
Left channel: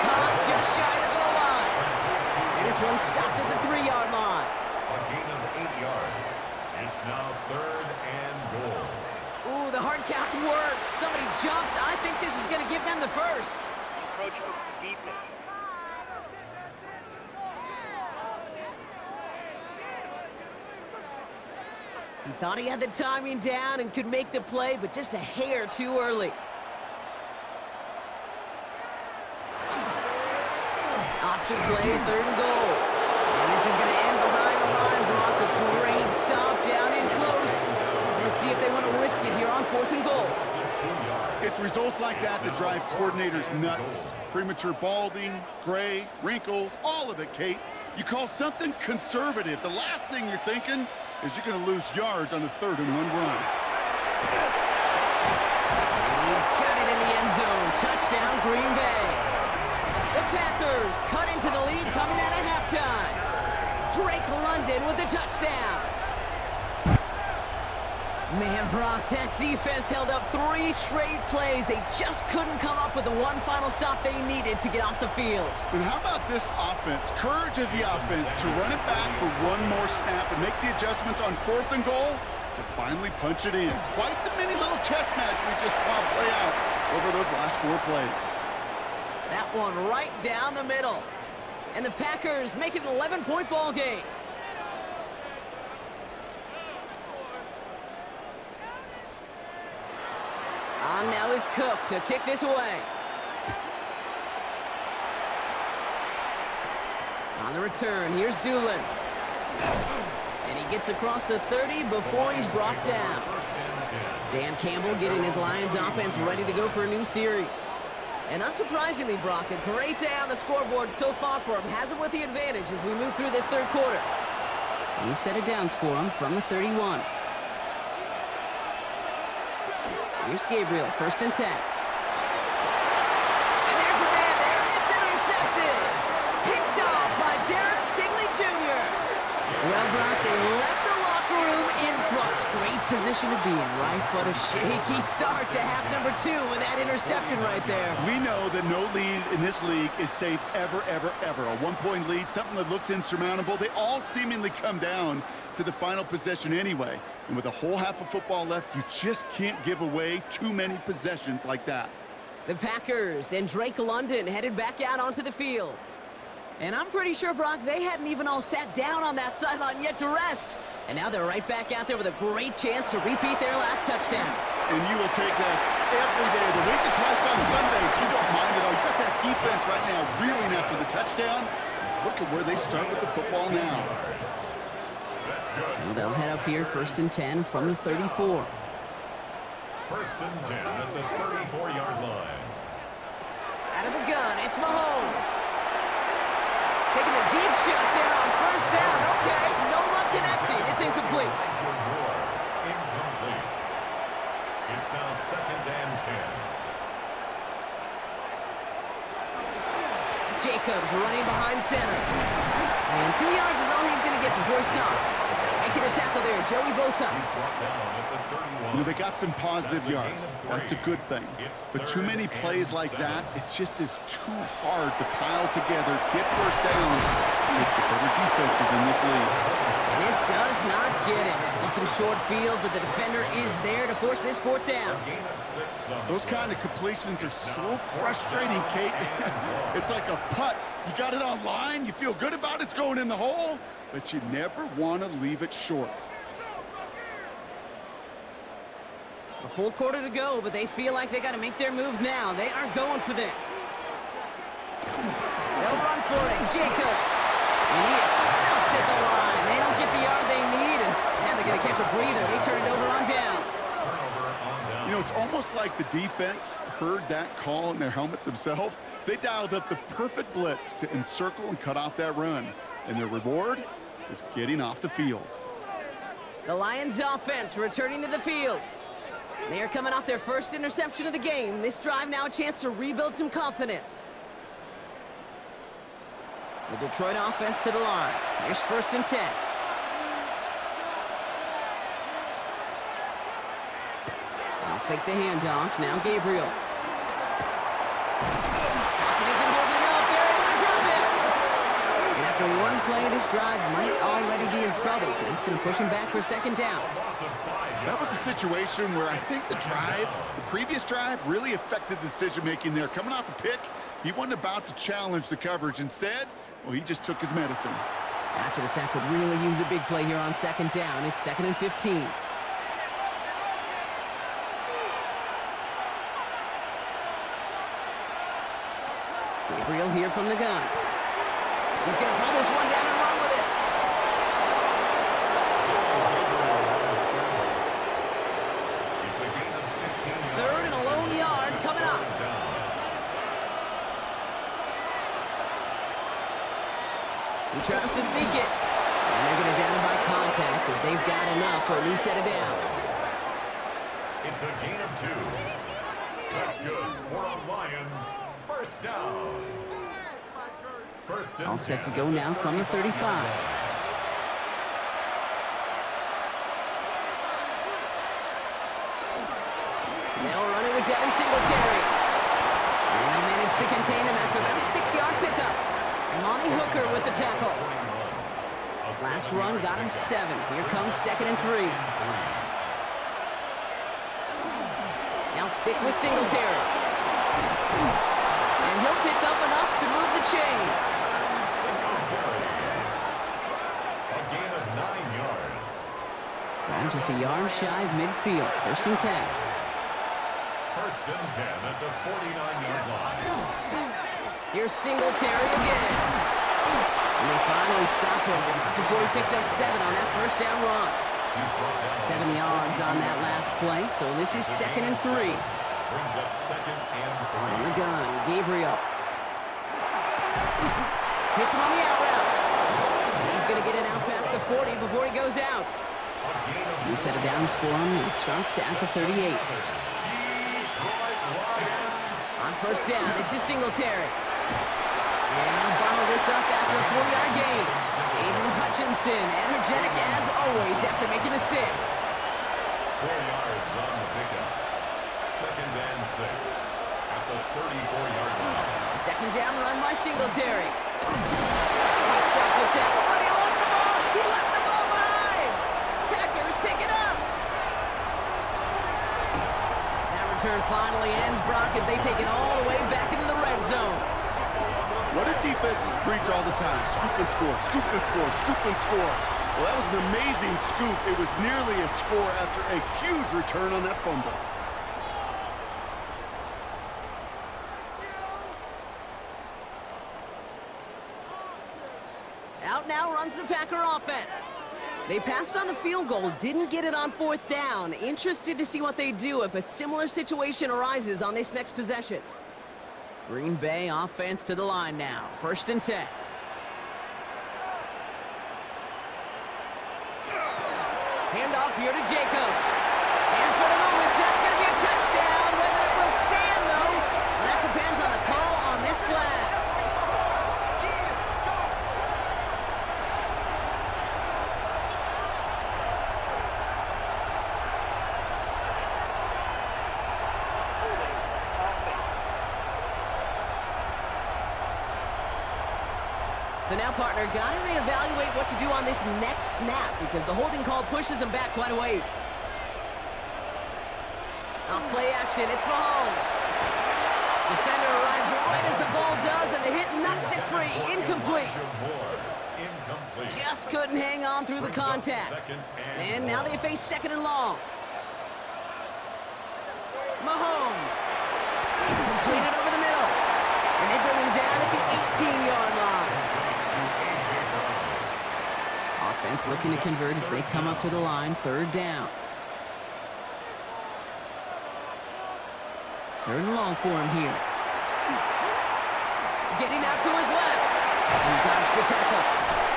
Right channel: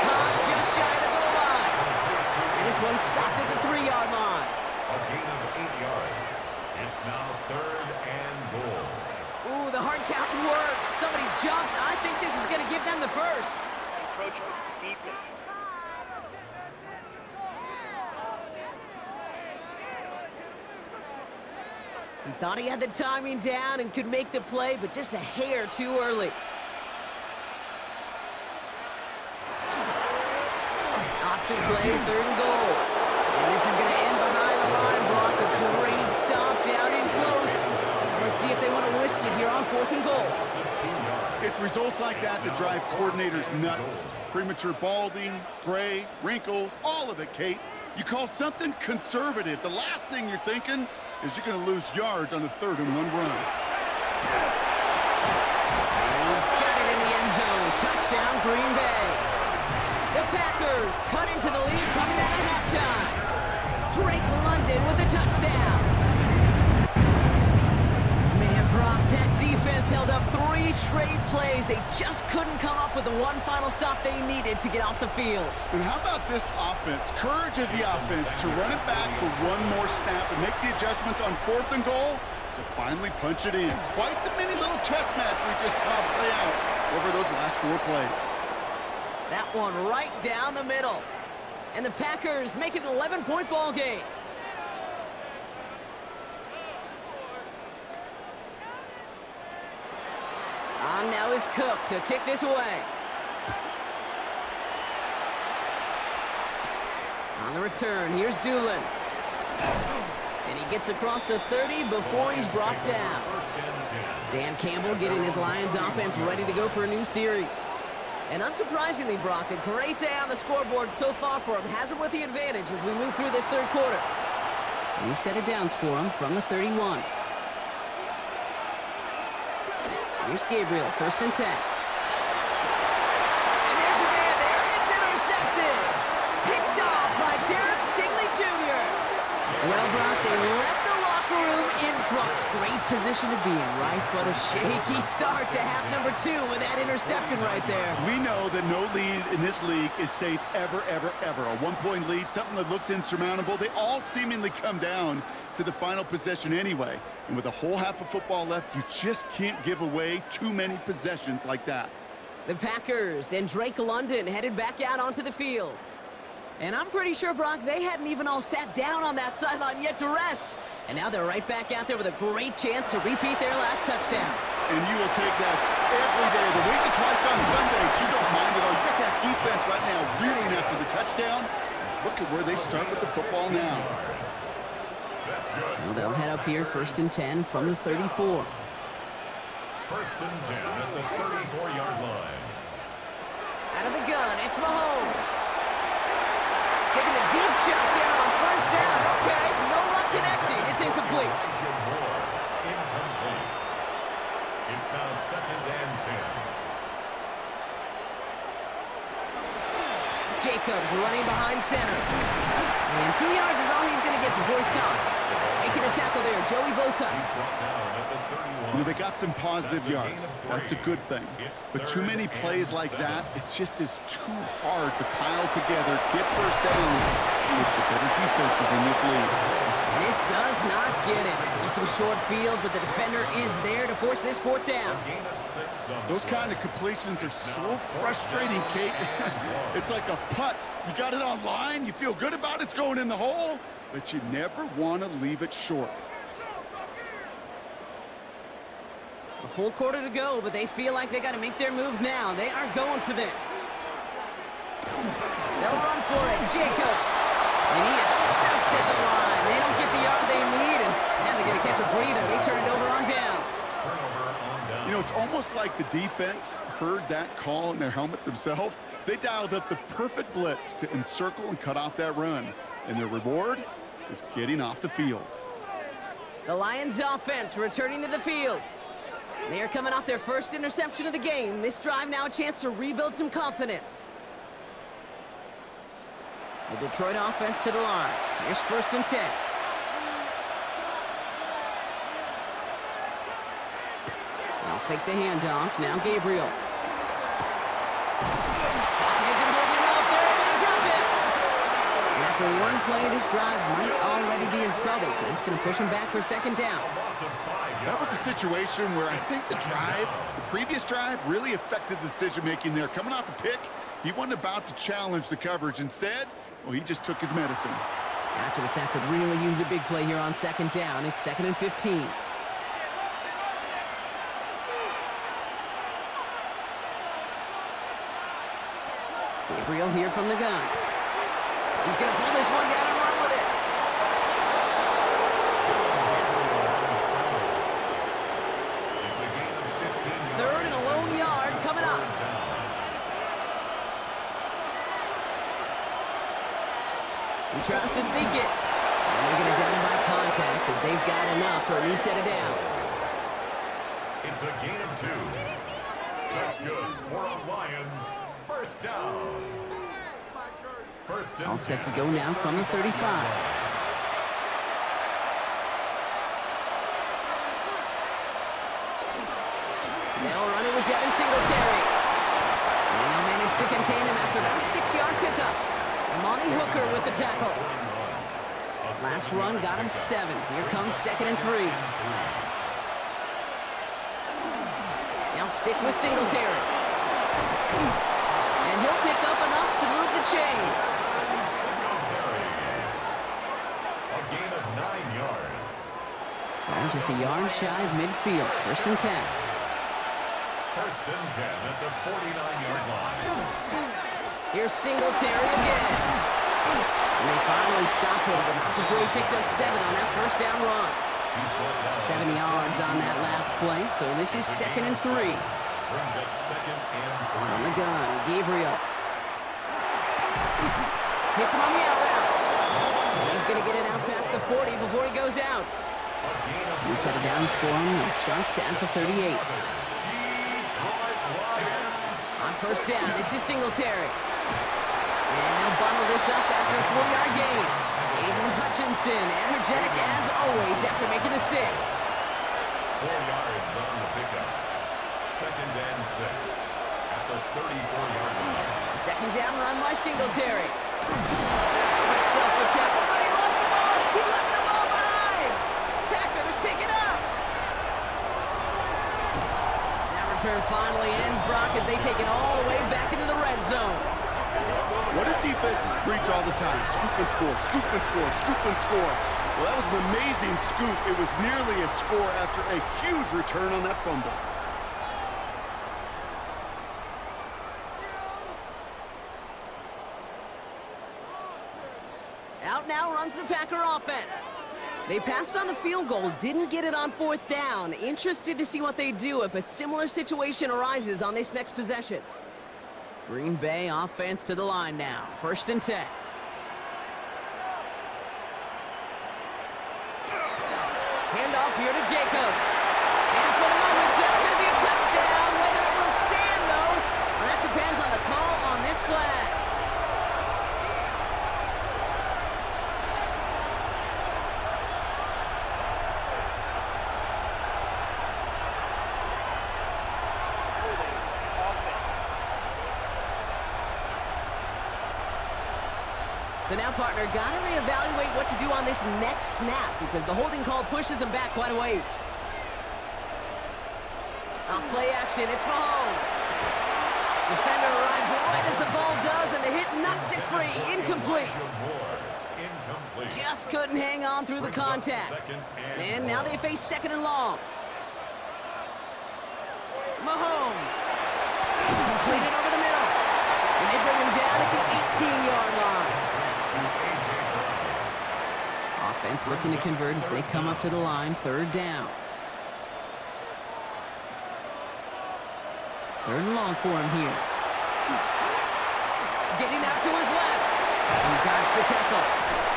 Caught just shy of the goal line. And this one stopped at the 3-yard line. A gain of 8 yards. It's now 3rd and goal. Ooh, the hard count worked. Somebody jumped. I think this is going to give them the first. Encroachment for defense. He thought he had the timing down and could make the play, but just a hair too early. Option play, 3rd and goal. And This is going to end behind the line, Brock. A great stop down in close. Now let's see if they want to risk it here on 4th and goal. It's results like that that drive coordinators nuts. Premature balding, gray, wrinkles, all of it, Kate. You call something conservative. The last thing you're thinking is you're going to lose yards on a 3rd and 1 run. And he's got it in the end zone. Touchdown, Green Bay. The Packers cut into the lead coming out of halftime. Drake London with the touchdown. Man, Brock, that defense held up 3 straight plays. They just couldn't come up with the one final stop they needed to get off the field. And how about this offense? Courage of the offense to run it back for one more snap and make the adjustments on 4th and goal to finally punch it in. Quite the mini little chess match we just saw play out over those last 4 plays. That one right down the middle. And the Packers make it an 11-point ball game. On now is Cook to kick this away. On the return, here's Doolin. And he gets across the 30 before he's brought down. Dan Campbell getting his Lions offense ready to go for a new series. And unsurprisingly, Brock, a great day on the scoreboard so far for him. Has him with the advantage as we move through this 3rd quarter. New set of downs for him from the 31. Here's Gabriel, 1st and 10. And there's a man there. It's intercepted. Picked off by Derek Stingley Jr. Well, Brock, they left the locker room in front. Great position to be in, right? But a shaky start to half number 2 with that interception right there. We know that no lead in this league is safe ever, ever, ever. A 1-point lead, something that looks insurmountable. They all seemingly come down to the final possession anyway. And with a whole half of football left, you just can't give away too many possessions like that. The Packers and Drake London headed back out onto the field. And I'm pretty sure, Brock, they hadn't even all sat down on that sideline yet to rest. And now they're right back out there with a great chance to repeat their last touchdown. And you will take that every day of the week. And twice on Sundays. You don't mind it all. You got that defense right now reeling after the touchdown. Look at where they start with the football now. So they'll head up here, 1st and 10 from the 34. 1st and 10 at the 34-yard line. Out of the gun, it's Mahomes. Taking a deep shot there on 1st down. Okay, no luck connecting. It's incomplete. Incomplete. It's now 2nd and 10. Jacobs running behind center. And 2 yards is all he's going to get before he's caught. Making a tackle there, Joey Bosa. He's brought down at the 31. You know, they got some positive yards. That's a good thing. But too many plays like that, it just is too hard to pile together, get 1st downs. It's the better defenses in this league. And this does not get it. Looking short field, but the defender is there to force this 4th down. Those kind of completions are so frustrating, Kate. It's like a putt. You got it on line, you feel good about it's going in the hole, but you never want to leave it short. A full quarter to go, but they feel like they got to make their move now. They are going for this. They'll run for it. Jacobs. And he is stuffed at the line. They don't get the yard they need, and now they're going to catch a breather. They turn it over on downs. You know, it's almost like the defense heard that call in their helmet themselves. They dialed up the perfect blitz to encircle and cut off that run. And their reward is getting off the field. The Lions offense returning to the field. They are coming off their 1st interception of the game. This drive now a chance to rebuild some confidence. The Detroit offense to the line. Here's 1st and 10. Now fake the handoff. Now Gabriel. Pocket isn't holding up. They're able to drop it. And after one play, this drive might already be in trouble. That's going to push him back for 2nd down. That was a situation where I think the previous drive, really affected the decision-making there. Coming off a pick, he wasn't about to challenge the coverage. Instead, well, he just took his medicine. After the sack could really use a big play here on 2nd down. It's 2nd and 15. Gabriel here from the gun. He's going to pull this one down and run with it. He tries to sneak it. And they're going to down him by contact as they've got enough for a new set of downs. It's a gain of 2. That's good for a Lions first down. First and All set to go now from the 35. They'll run it with Devin Singletary. And they'll manage to contain him after about a 6-yard pickup. Amani Hooker with the tackle. Last run got him 7. Here comes 2nd and 3. Now stick with Singletary. And he'll pick up enough to move the chains. Singletary. A gain of 9 yards. Ball just a yard shy of midfield. 1st and 10. 1st and 10 at the 49-yard line. Here's Singletary again. And they finally stop him, but not before he picked up 7 on that first down run. 7 yards on that last play, so this is 2nd and 3. Brings up 2nd and 3. On the gun, Gabriel. Hits him on the out route. And he's going to get it out past the 40 before he goes out. New set of downs for him. He starts at the 38. On 1st down, this is Singletary. And they'll bundle this up after a 4-yard gain. Aiden Hutchinson, energetic as always after making the stick. 4 yards on the pickup. 2nd and 6 at the 34-yard line. 2nd down run by Singletary. Fights off the tackle, but he lost the ball. He left the ball behind. Packers pick it up. That return finally ends, Brock, as they take it all the way back into the red zone. What do defenses preach all the time? Scoop and score, scoop and score, scoop and score. Well, that was an amazing scoop. It was nearly a score after a huge return on that fumble. Out now runs the Packer offense. They passed on the field goal, didn't get it on 4th down. Interested to see what they do if a similar situation arises on this next possession. Green Bay offense to the line now. 1st and 10. Handoff here to Jacobs. And for the moment, that's going to be a touchdown. Whether it will stand, though, well, that depends on the call on this flag. So now, partner, got to reevaluate what to do on this next snap because the holding call pushes him back quite a ways. Off play action, it's Mahomes. Defender arrives right as the ball does, and the hit knocks it free. Incomplete. Just couldn't hang on through the contact. And now they face 2nd and long. Mahomes. Completed over the middle. And they bring him down at the 18-yard line. Offense looking to convert as they come up to the line. 3rd down. 3rd and long for him here. Getting out to his left. He dodged the tackle.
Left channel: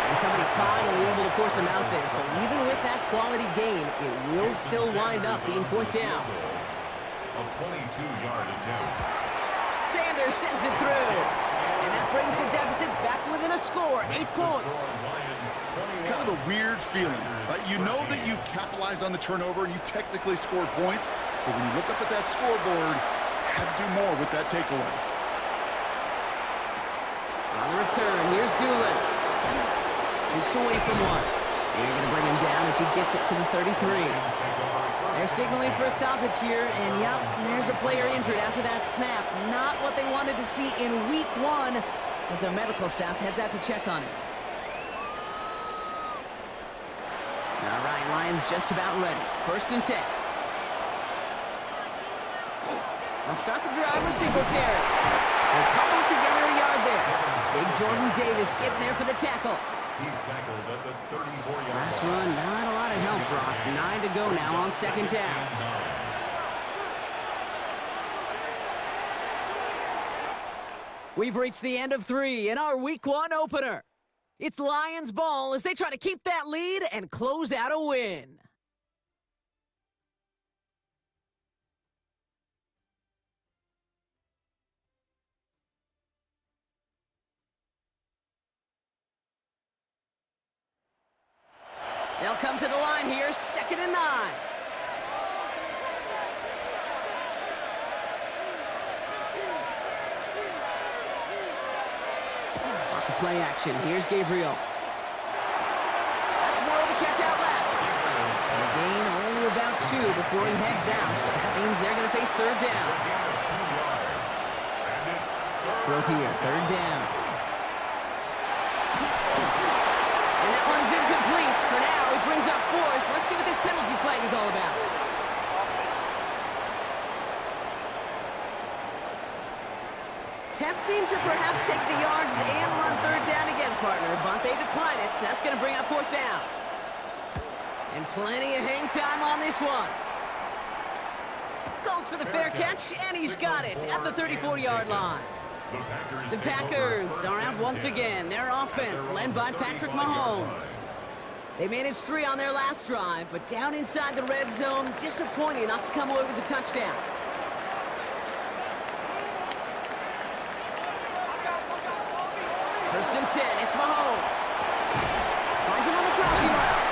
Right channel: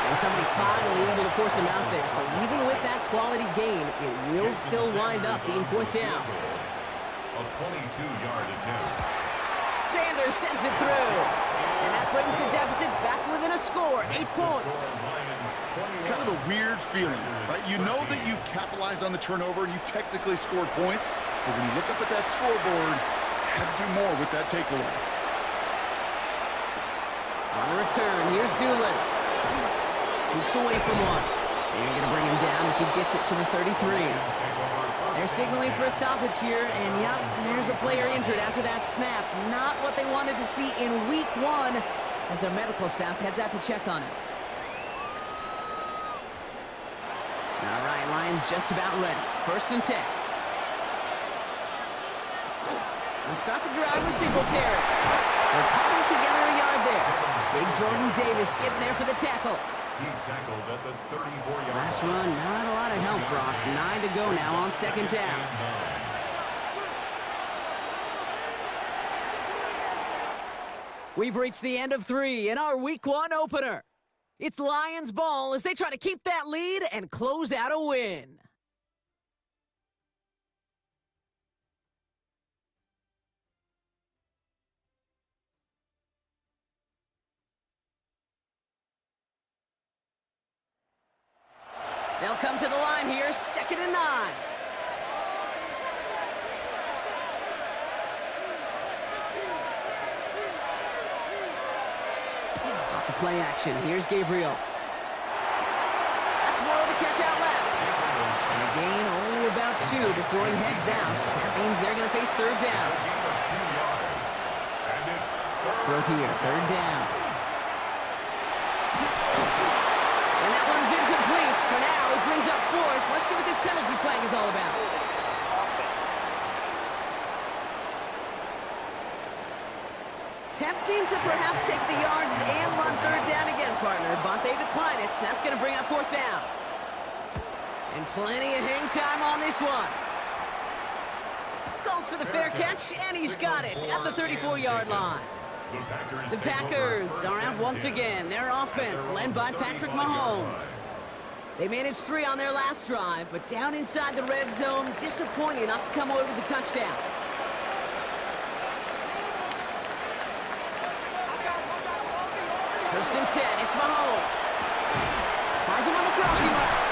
And somebody finally able to force him out there. So even with that quality gain, it will still wind up being 4th down. A 22-yard attempt. Sanders sends it through. And that brings the deficit back within a score, 8 points. It's kind of a weird feeling, right? You know that you capitalized on the turnover and you technically scored points, but when you look up at that scoreboard, you had to do more with that takeaway. On the return, here's Doolin. Jukes away from one. They're going to bring him down as he gets it to the 33. They're signaling for a stoppage here, and yep, there's a player injured after that snap. Not what they wanted to see in week 1 as their medical staff heads out to check on him. All right, Lions just about ready. 1st and 10. They'll start the drive with Singletary. They'll cobble together a yard there. Big Jordan Davis getting there for the tackle. He's tackled at the 34-yard line. Last run, not a lot of help, Brock. 9 to go now on 2nd down. We've reached the end of 3 in our week 1 opener. It's Lions ball as they try to keep that lead and close out a win. They'll come to the line here, 2nd and 9. Off the play action, here's Gabriel. That's more of the catch out left. And a gain only about 2 before he heads out. That means they're going to face 3rd down. Throw here, 3rd down. And that one's incomplete. For now, it brings up 4th. Let's see what this penalty flag is all about. Tempting to perhaps take the yards and run 3rd down again, partner, but they decline it. That's going to bring up 4th down. And plenty of hang time on this one. Goes for the fair catch, and he's got it at the 34-yard line. The Packers are out once again. Their offense led by Patrick Mahomes. They managed 3 on their last drive, but down inside the red zone, disappointing not to come away with a touchdown. First and 10, it's Mahomes. Finds him on the crossing route.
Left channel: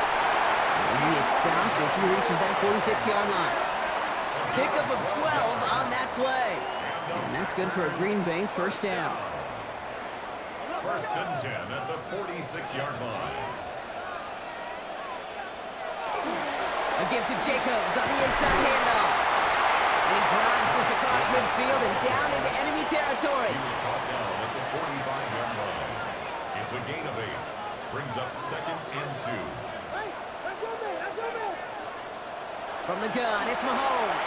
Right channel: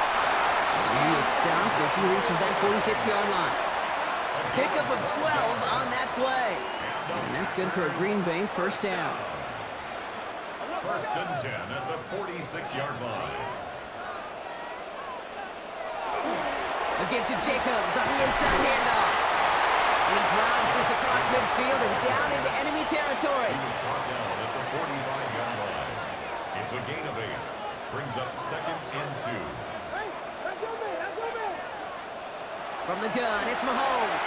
And he is stopped as he reaches that 46-yard line. Pickup of 12 on that play. And that's good for a Green Bay 1st down. 1st and 10 at the 46-yard line. A give to Jacobs on the inside handoff. And he drives this across midfield and down into enemy territory. He was brought down at the 45-yard line. It's a gain of 8. Brings up 2nd and 2. Hey, that's your man, that's your man. From the gun, it's Mahomes.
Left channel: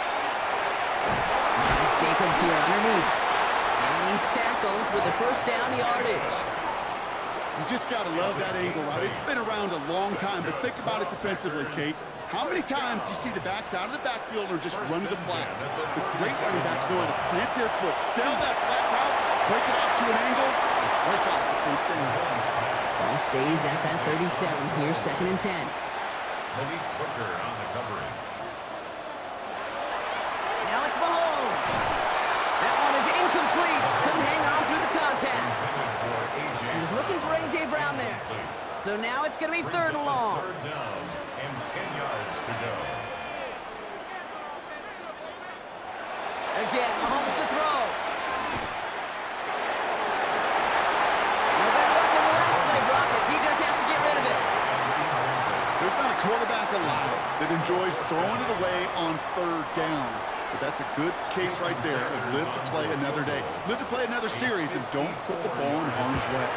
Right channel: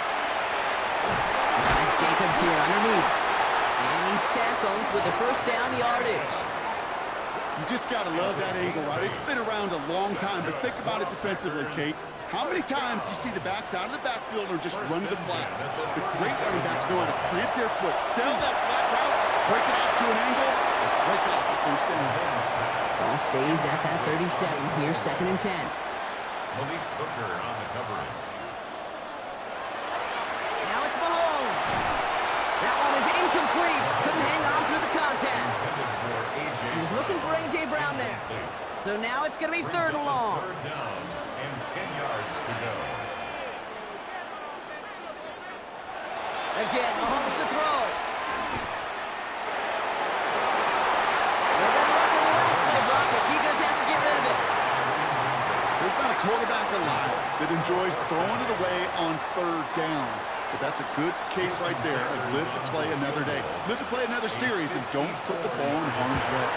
Finds Jacobs here underneath. And he's tackled with the 1st down yardage. You just got to love that angle, right? It's been around a long time, but think about it defensively, Kate. How many times do you see the backs out of the backfield or just run to the flat? The great running backs know how to plant their foot, sell that flat route, break it off to an angle, and break off the 1st down. Ball stays at that 37. Here's 2nd and 10. Malik Booker on the coverage. Now it's Mahomes. That one is incomplete. Couldn't hang on through the contact. He was looking for A.J. Brown there. So now it's going to be 3rd and long. 3rd down and 10 yards to go. Again, Mahomes to throw. No better luck in the last play, Brock, as he just has to get rid of it. There's not a quarterback alive that enjoys throwing it away on 3rd down. But that's a good case right there of live to play another day. Live to play another series and don't put the ball in harm's way.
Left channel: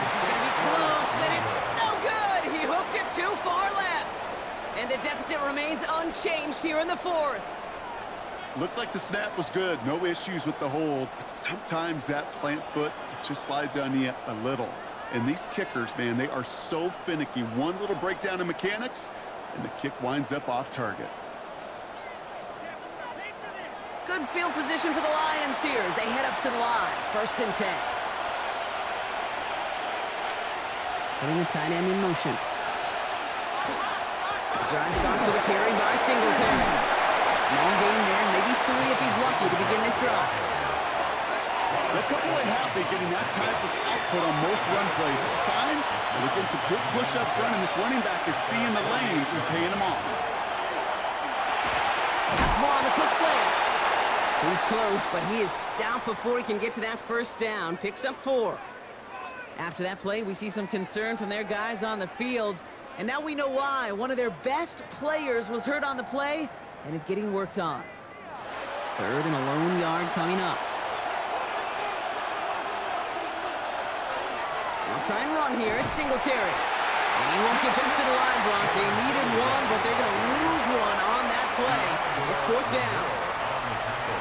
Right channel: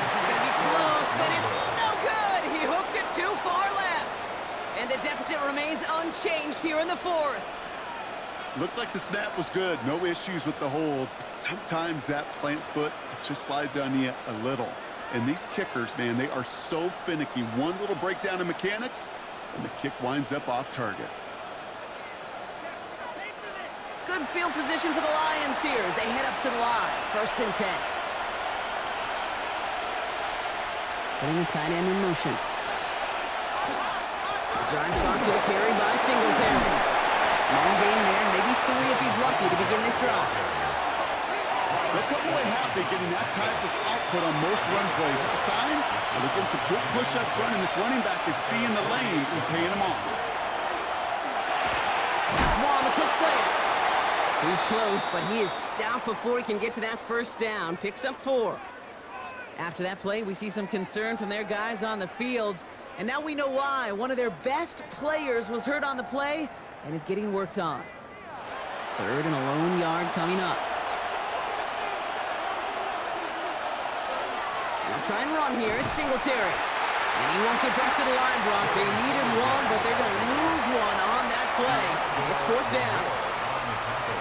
This is going to be close, and it's no good. He hooked it too far left. And the deficit remains unchanged here in the 4th. Looked like the snap was good. No issues with the hold. But sometimes that plant foot just slides on you a little. And these kickers, man, they are so finicky. One little breakdown in mechanics, and the kick winds up off target. Good field position for the Lions here as they head up to the line. 1st and 10. Putting the tight end in motion. The drive starts with a carry by Singletary. Small gain there, maybe 3 if he's lucky to begin this drive. They'll come away happy getting that type of output on most run plays. It's a sign that they're getting some good push up front, and this running back is seeing the lanes and paying them off. That's more on the quick slant. He's close, but he is stopped before he can get to that 1st down. Picks up 4. After that play, we see some concern from their guys on the field. And now we know why. One of their best players was hurt on the play and is getting worked on. 3rd and a lone yard coming up. They'll try and run here. It's Singletary. And he won't get back to the line, Brock. They needed 1, but they're going to lose 1 on that play. It's 4th down.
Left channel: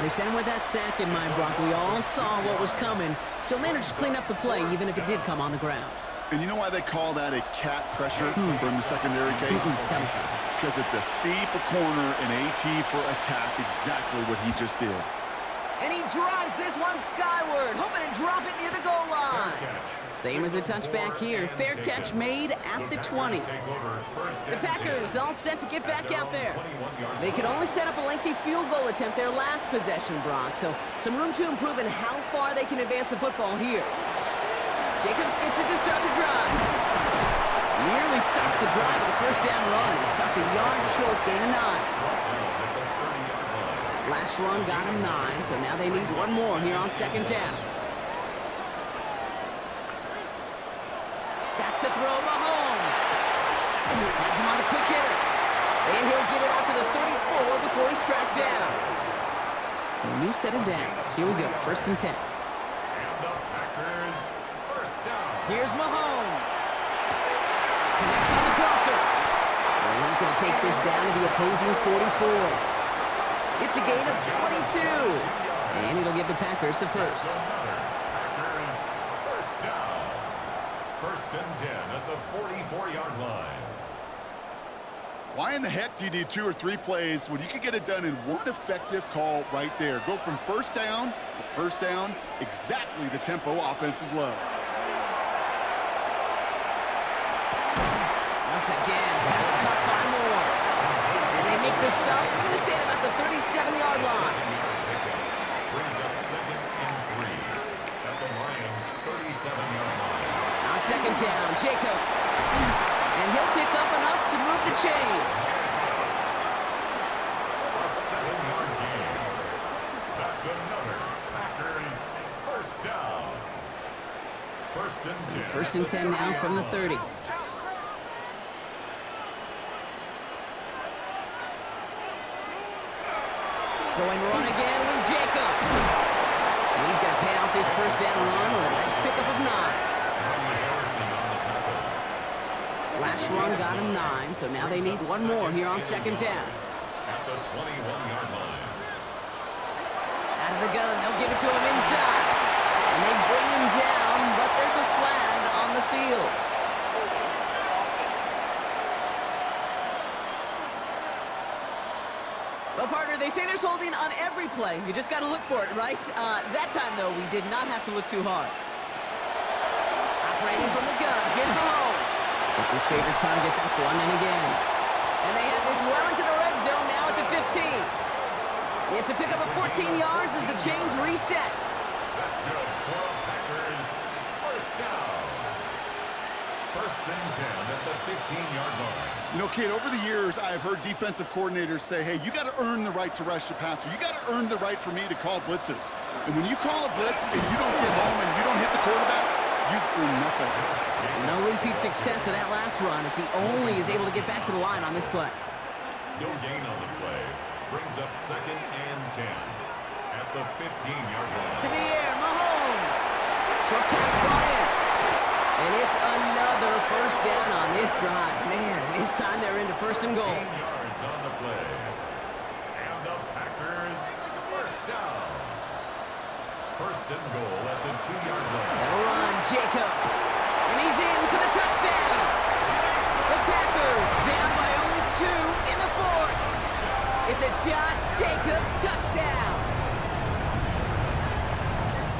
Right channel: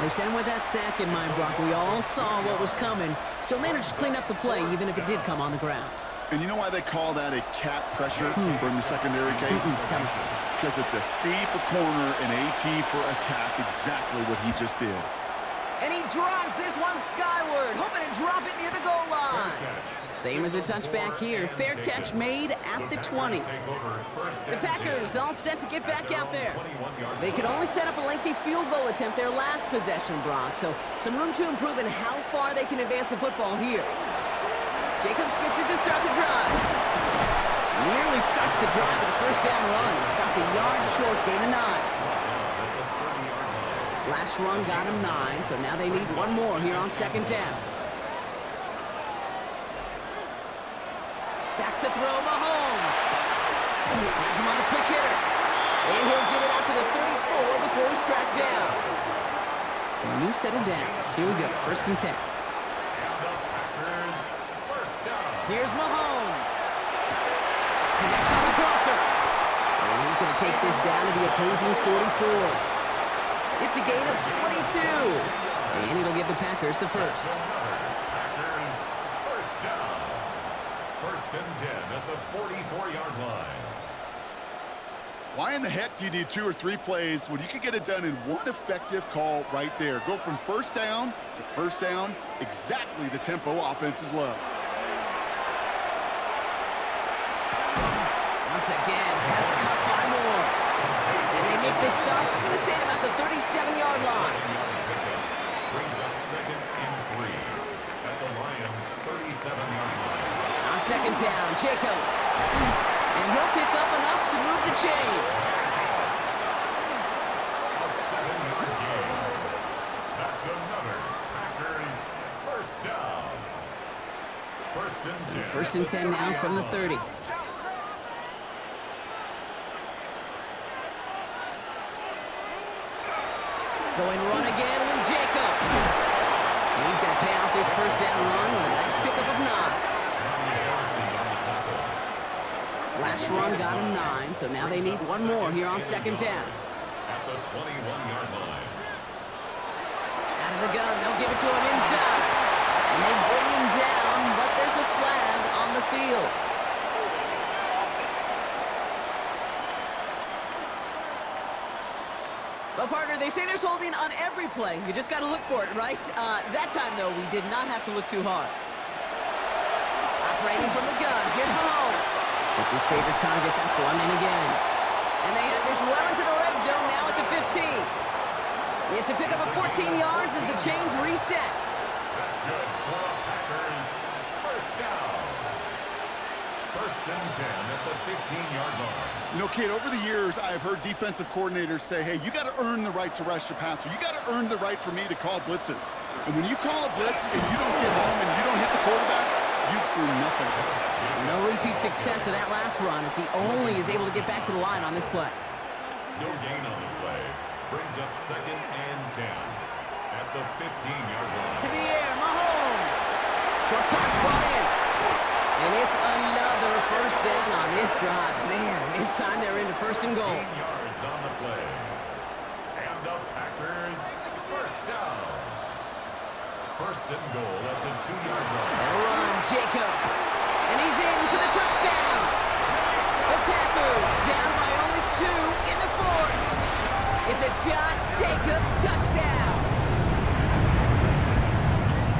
They sent him with that sack in mind, Brock. We all saw what was coming. Still managed to clean up the play, even if it did come on the ground. And you know why they call that a cat pressure from the secondary, Kate? Tell me. Because it's a C for corner and AT for attack, exactly what he just did. And he drives this one skyward, hoping to drop it near the goal line. Same as a touchback here. Fair catch made at the 20. The Packers all set to get back out there. They could only set up a lengthy field goal attempt their last possession, Brock, so some room to improve in how far they can advance the football here. Jacobs gets it to start the drive. Nearly starts the drive with a first down run. He stopped a yard short, gain of 9. Last run got him 9, so now they need one more here on second down. Back to throw, Mahomes. Has him on the quick hitter. And he'll get it out to the 34 before he's tracked down. So a new set of downs. Here we go, 1st and 10. And the Packers first down. Here's Mahomes. Connects on the crosser. And he's going to take this down to the opposing 44. It's a gain of 22. And it'll give the Packers the first. Packers first down. 1st and 10 at the 44-yard line. Why in the heck do you need 2 or 3 plays when you can get it done in one effective call right there? Go from first down to first down, exactly the tempo offenses love. Once again, pass cut by Moore. And they make the stop. We're going to say it about the 37-yard line. Brings up 2nd and 3 at the Lions' 37-yard line. On second down, Jacobs. And he'll pick up enough to move the chains. A 7-yard gain. That's another Packers first down. 1st and 10. 1st and 10 now from the 30. Going run again with Jacobs. And he's going to pay off his first down run with a nice pickup of 9. Last run got him 9, so now they need one more here on second down. At the 21-yard line. Out of the gun, they'll give it to him inside. And they bring him down, but there's a flag on the field. Well, partner, they say there's holding on every play. You just got to look for it, right? That time, though, we did not have to look too hard. Operating from the gun, here's Mahomes. It's his favorite target. That's London again. And they have this well into the red zone now at the 15. It's a pickup of 14 yards as the chains reset. That's good for the Packers. First down. 1st and 10 at the 15-yard line. You know, Kate, over the years, I've heard defensive coordinators say, hey, you got to earn the right to rush your passer. You got to earn the right for me to call blitzes. And when you call a blitz and you don't get home and you don't hit the quarterback, you've earned nothing. No repeat success of that last run as he only is able to get back to the line on this play. No gain on the play. Brings up 2nd and 10 at the 15-yard line. To the air, Mahomes. Short pass brought in. And it's another first down on this drive. Man, this time they're into 1st and goal. 15 yards on the play. And the Packers first down. 1st and goal at the 2-yard line. They'll run, Jacobs. And he's in for the touchdown. The Packers down by only 2 in the 4th. It's a Josh Jacobs touchdown.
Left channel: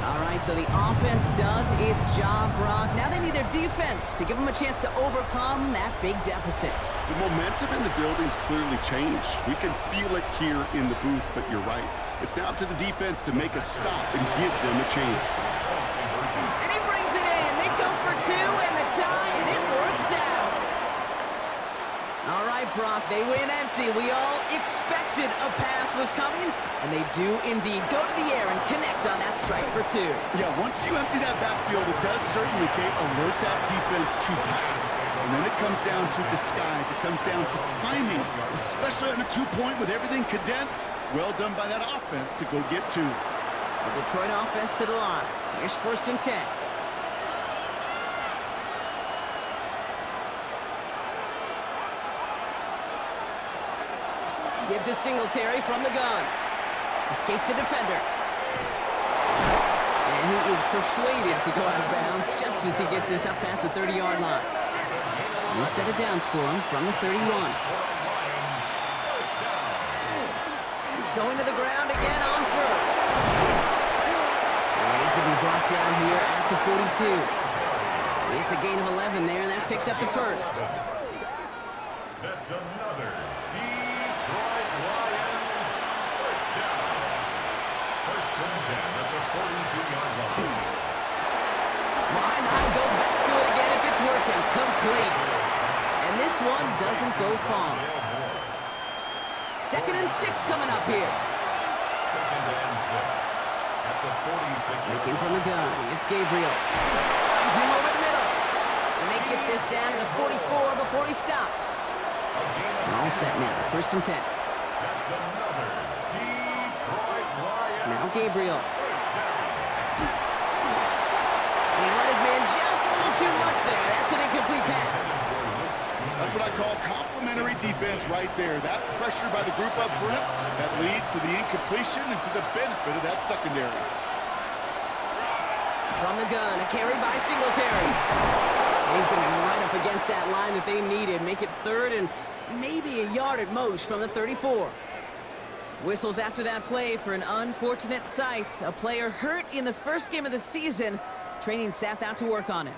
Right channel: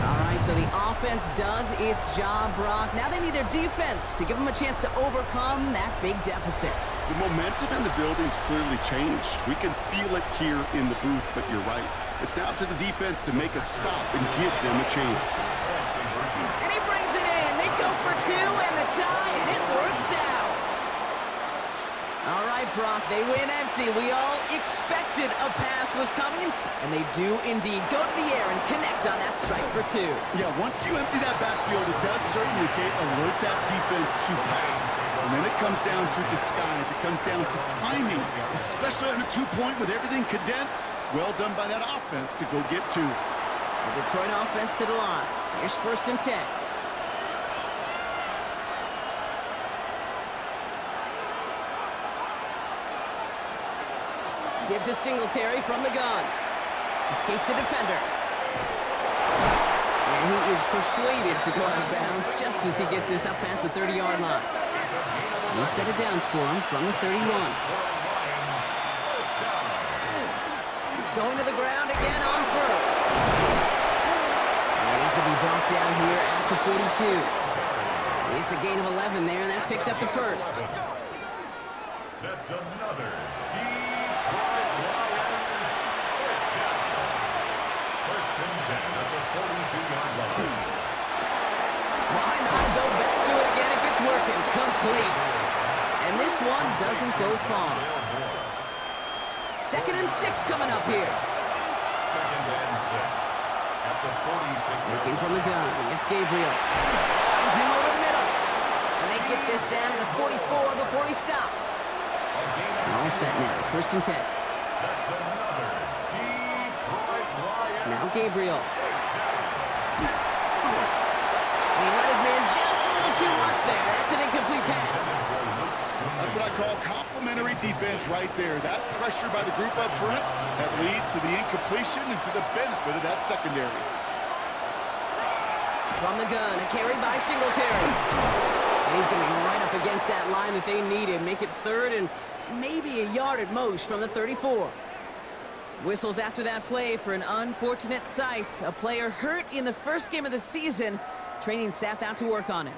All right, so the offense does its job, Brock. Now they need their defense to give them a chance to overcome that big deficit. The momentum in the building's clearly changed. We can feel it here in the booth, but you're right. It's now up to the defense to make a stop and give them a chance. And he brings it in. They go for 2 and the tie, and it works out. All right, Brock, they win empty. We all expected a pass was coming, and they do indeed go to the air and connect on that strike for 2. Yeah, once you empty that backfield, it does certainly, Kate, alert that defense to pass. And then it comes down to disguise. It comes down to timing, especially on a 2-point with everything condensed. Well done by that offense to go get 2. The Detroit offense to the line. Here's 1st and 10. Give to Singletary from the gun. Escapes a defender. And he is persuaded to go out of bounds just as he gets this up past the 30-yard line. New set of downs for him from the 31. Going to the ground again on 1st. And he's going to be brought down here at the 42. It's a gain of 11 there, and that picks up the first. That's another Detroit Lions first down. First and 10 at the 42-yard line. Why not go back to it again if it's working? Complete. And this one doesn't go far. 2nd and 6 coming up here. 2nd and 6 at the 46. Looking from the gun. It's Gabriel. Finds him over the middle. And they get this down to the 44 before he stopped. All set now. 1st and 10. That's another Detroit Lions. Now Gabriel. And he let his man just a little too much there. That's an incomplete pass. That's what I call complimentary defense right there. That pressure by the group up front, that leads to the incompletion and to the benefit of that secondary. From the gun, a carry by Singletary. And he's going to be right up against that line that they needed. Make it 3rd and maybe a yard at most from the 34. Whistles after that play for an unfortunate sight. A player hurt in the first game of the season. Training staff out to work on him.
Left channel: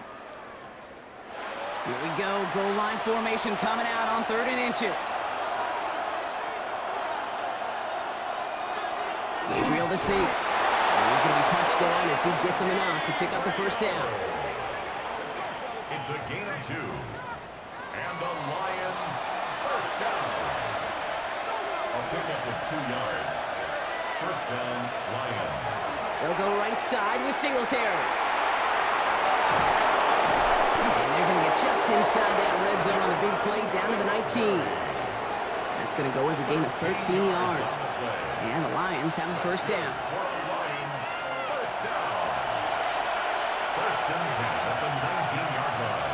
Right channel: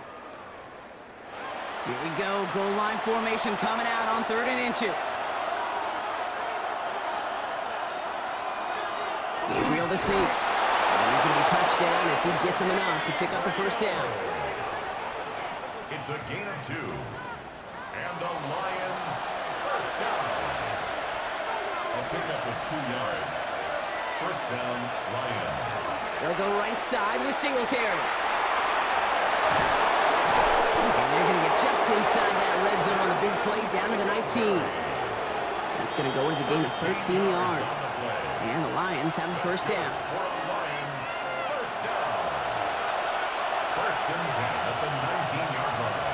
Here we go. Goal line formation coming out on 3rd and inches. Gabriel the sneak. And he's going to be touched down as he gets him enough to pick up the first down. It's a gain of 2. And the Lions first down. A pickup of 2 yards. First down, Lions. They'll go right side with Singletary. And they're going to get just inside that red zone on the big play down to the 19. That's going to go as a gain of 13 yards. And the Lions have a first down. Lions first down. First and 10 at the 19-yard line.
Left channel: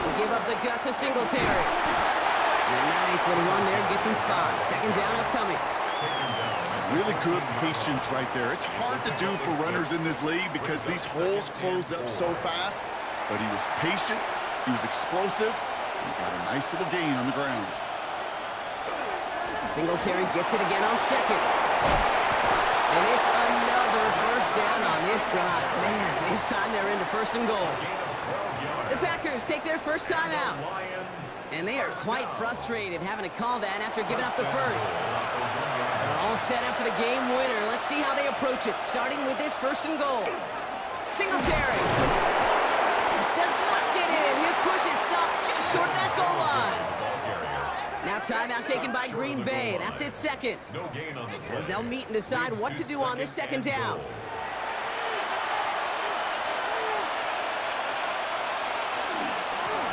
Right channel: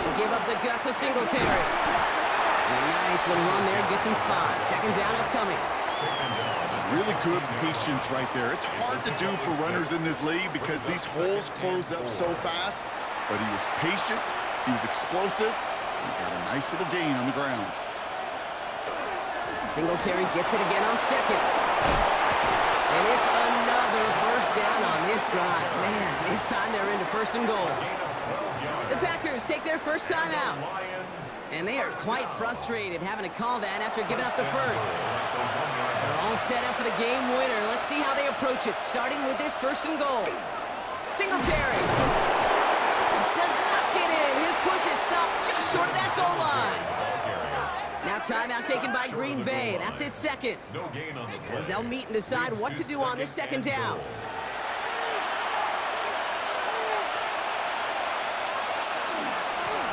We'll give up the gut to Singletary. And a nice little run there gets him 5. Second down upcoming. Really good patience right there. It's hard to do for runners in this league because these holes close up so fast. But he was patient, he was explosive, and he got a nice little gain on the ground. Singletary gets it again on 2nd. And it's another first down on this drive. Man, this time they're into 1st and goal. The Packers take their first time out. And they are quite frustrated having to call that after giving up the first. They're all set up for the game winner. Let's see how they approach it, starting with this 1st and goal. Singletary does not get in. His push is stopped just short of that goal line. Now timeout taken by Green Bay. That's it 2nd. As they'll meet and decide what to do on this 2nd down.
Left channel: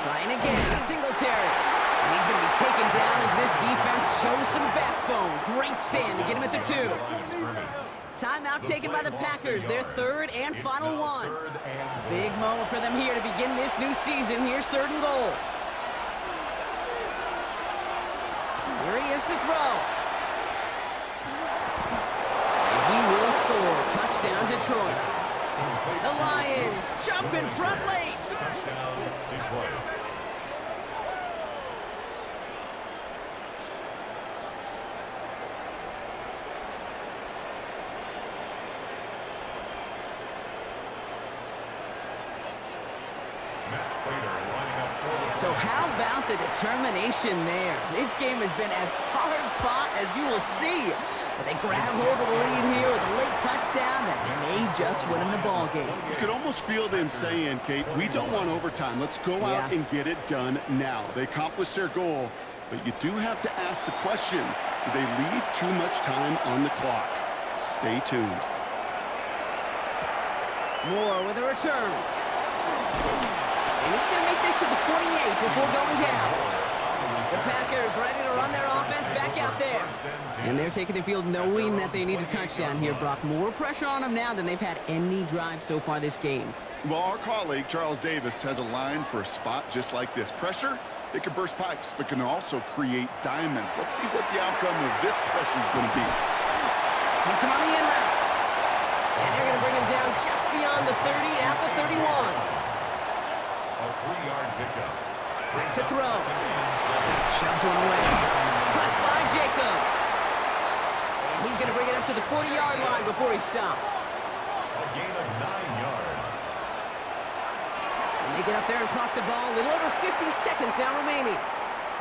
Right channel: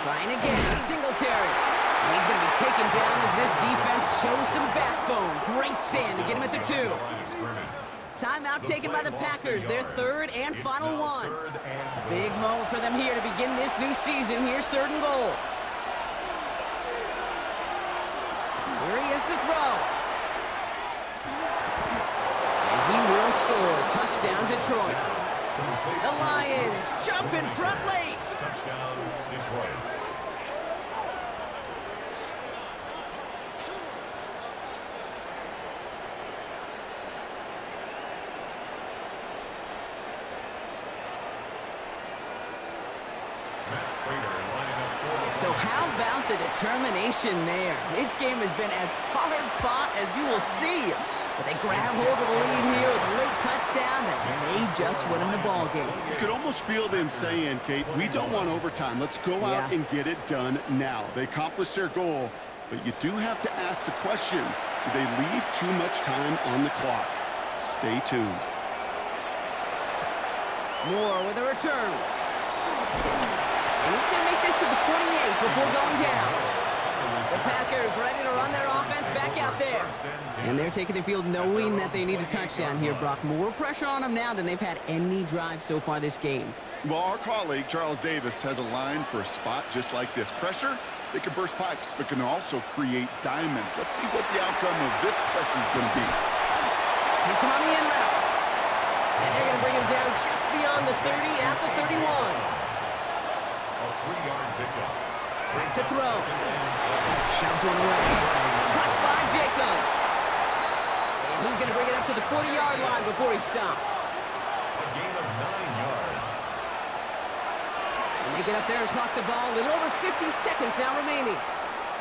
Trying again, Singletary. And he's going to be taken down as this defense shows some backbone. Great stand to get him at the 2. Timeout taken by the Packers, their 3rd and final one. Big moment for them here to begin this new season. Here's 3rd and goal. Here he is to throw. And he will score. Touchdown, Detroit. The Lions jump in front late. Touchdown, Detroit. So how about the determination there? This game has been as hard fought as you will see. But they grab hold of the lead here with a late touchdown that may just win them the ball game. You could almost feel them saying, Kate, we don't want overtime. Let's go out and get it done now. They accomplished their goal, but you do have to ask the question, do they leave too much time on the clock? Stay tuned. Moore with a return. And he's going to make this to the 28 before going down. The Packers ready to run their offense back out there. And they're taking the field knowing that they need a touchdown here, Brock. More pressure on them now than they've had any drive so far this game. Well, our colleague, Charles Davis, has a line for a spot just like this. Pressure, it can burst pipes, but can also create diamonds. Let's see what the outcome of this pressure is going to be. Hits him on the in route. And they're going to bring him down just beyond the 30 at the 31. A 3-yard pickup. Back to throw. Shoves one away. Cut by Jacobs. And he's going to bring it up to the 40-yard line before he stopped. A gain of 9 yards. And they get up there and clock the ball. A little over 50 seconds now remaining.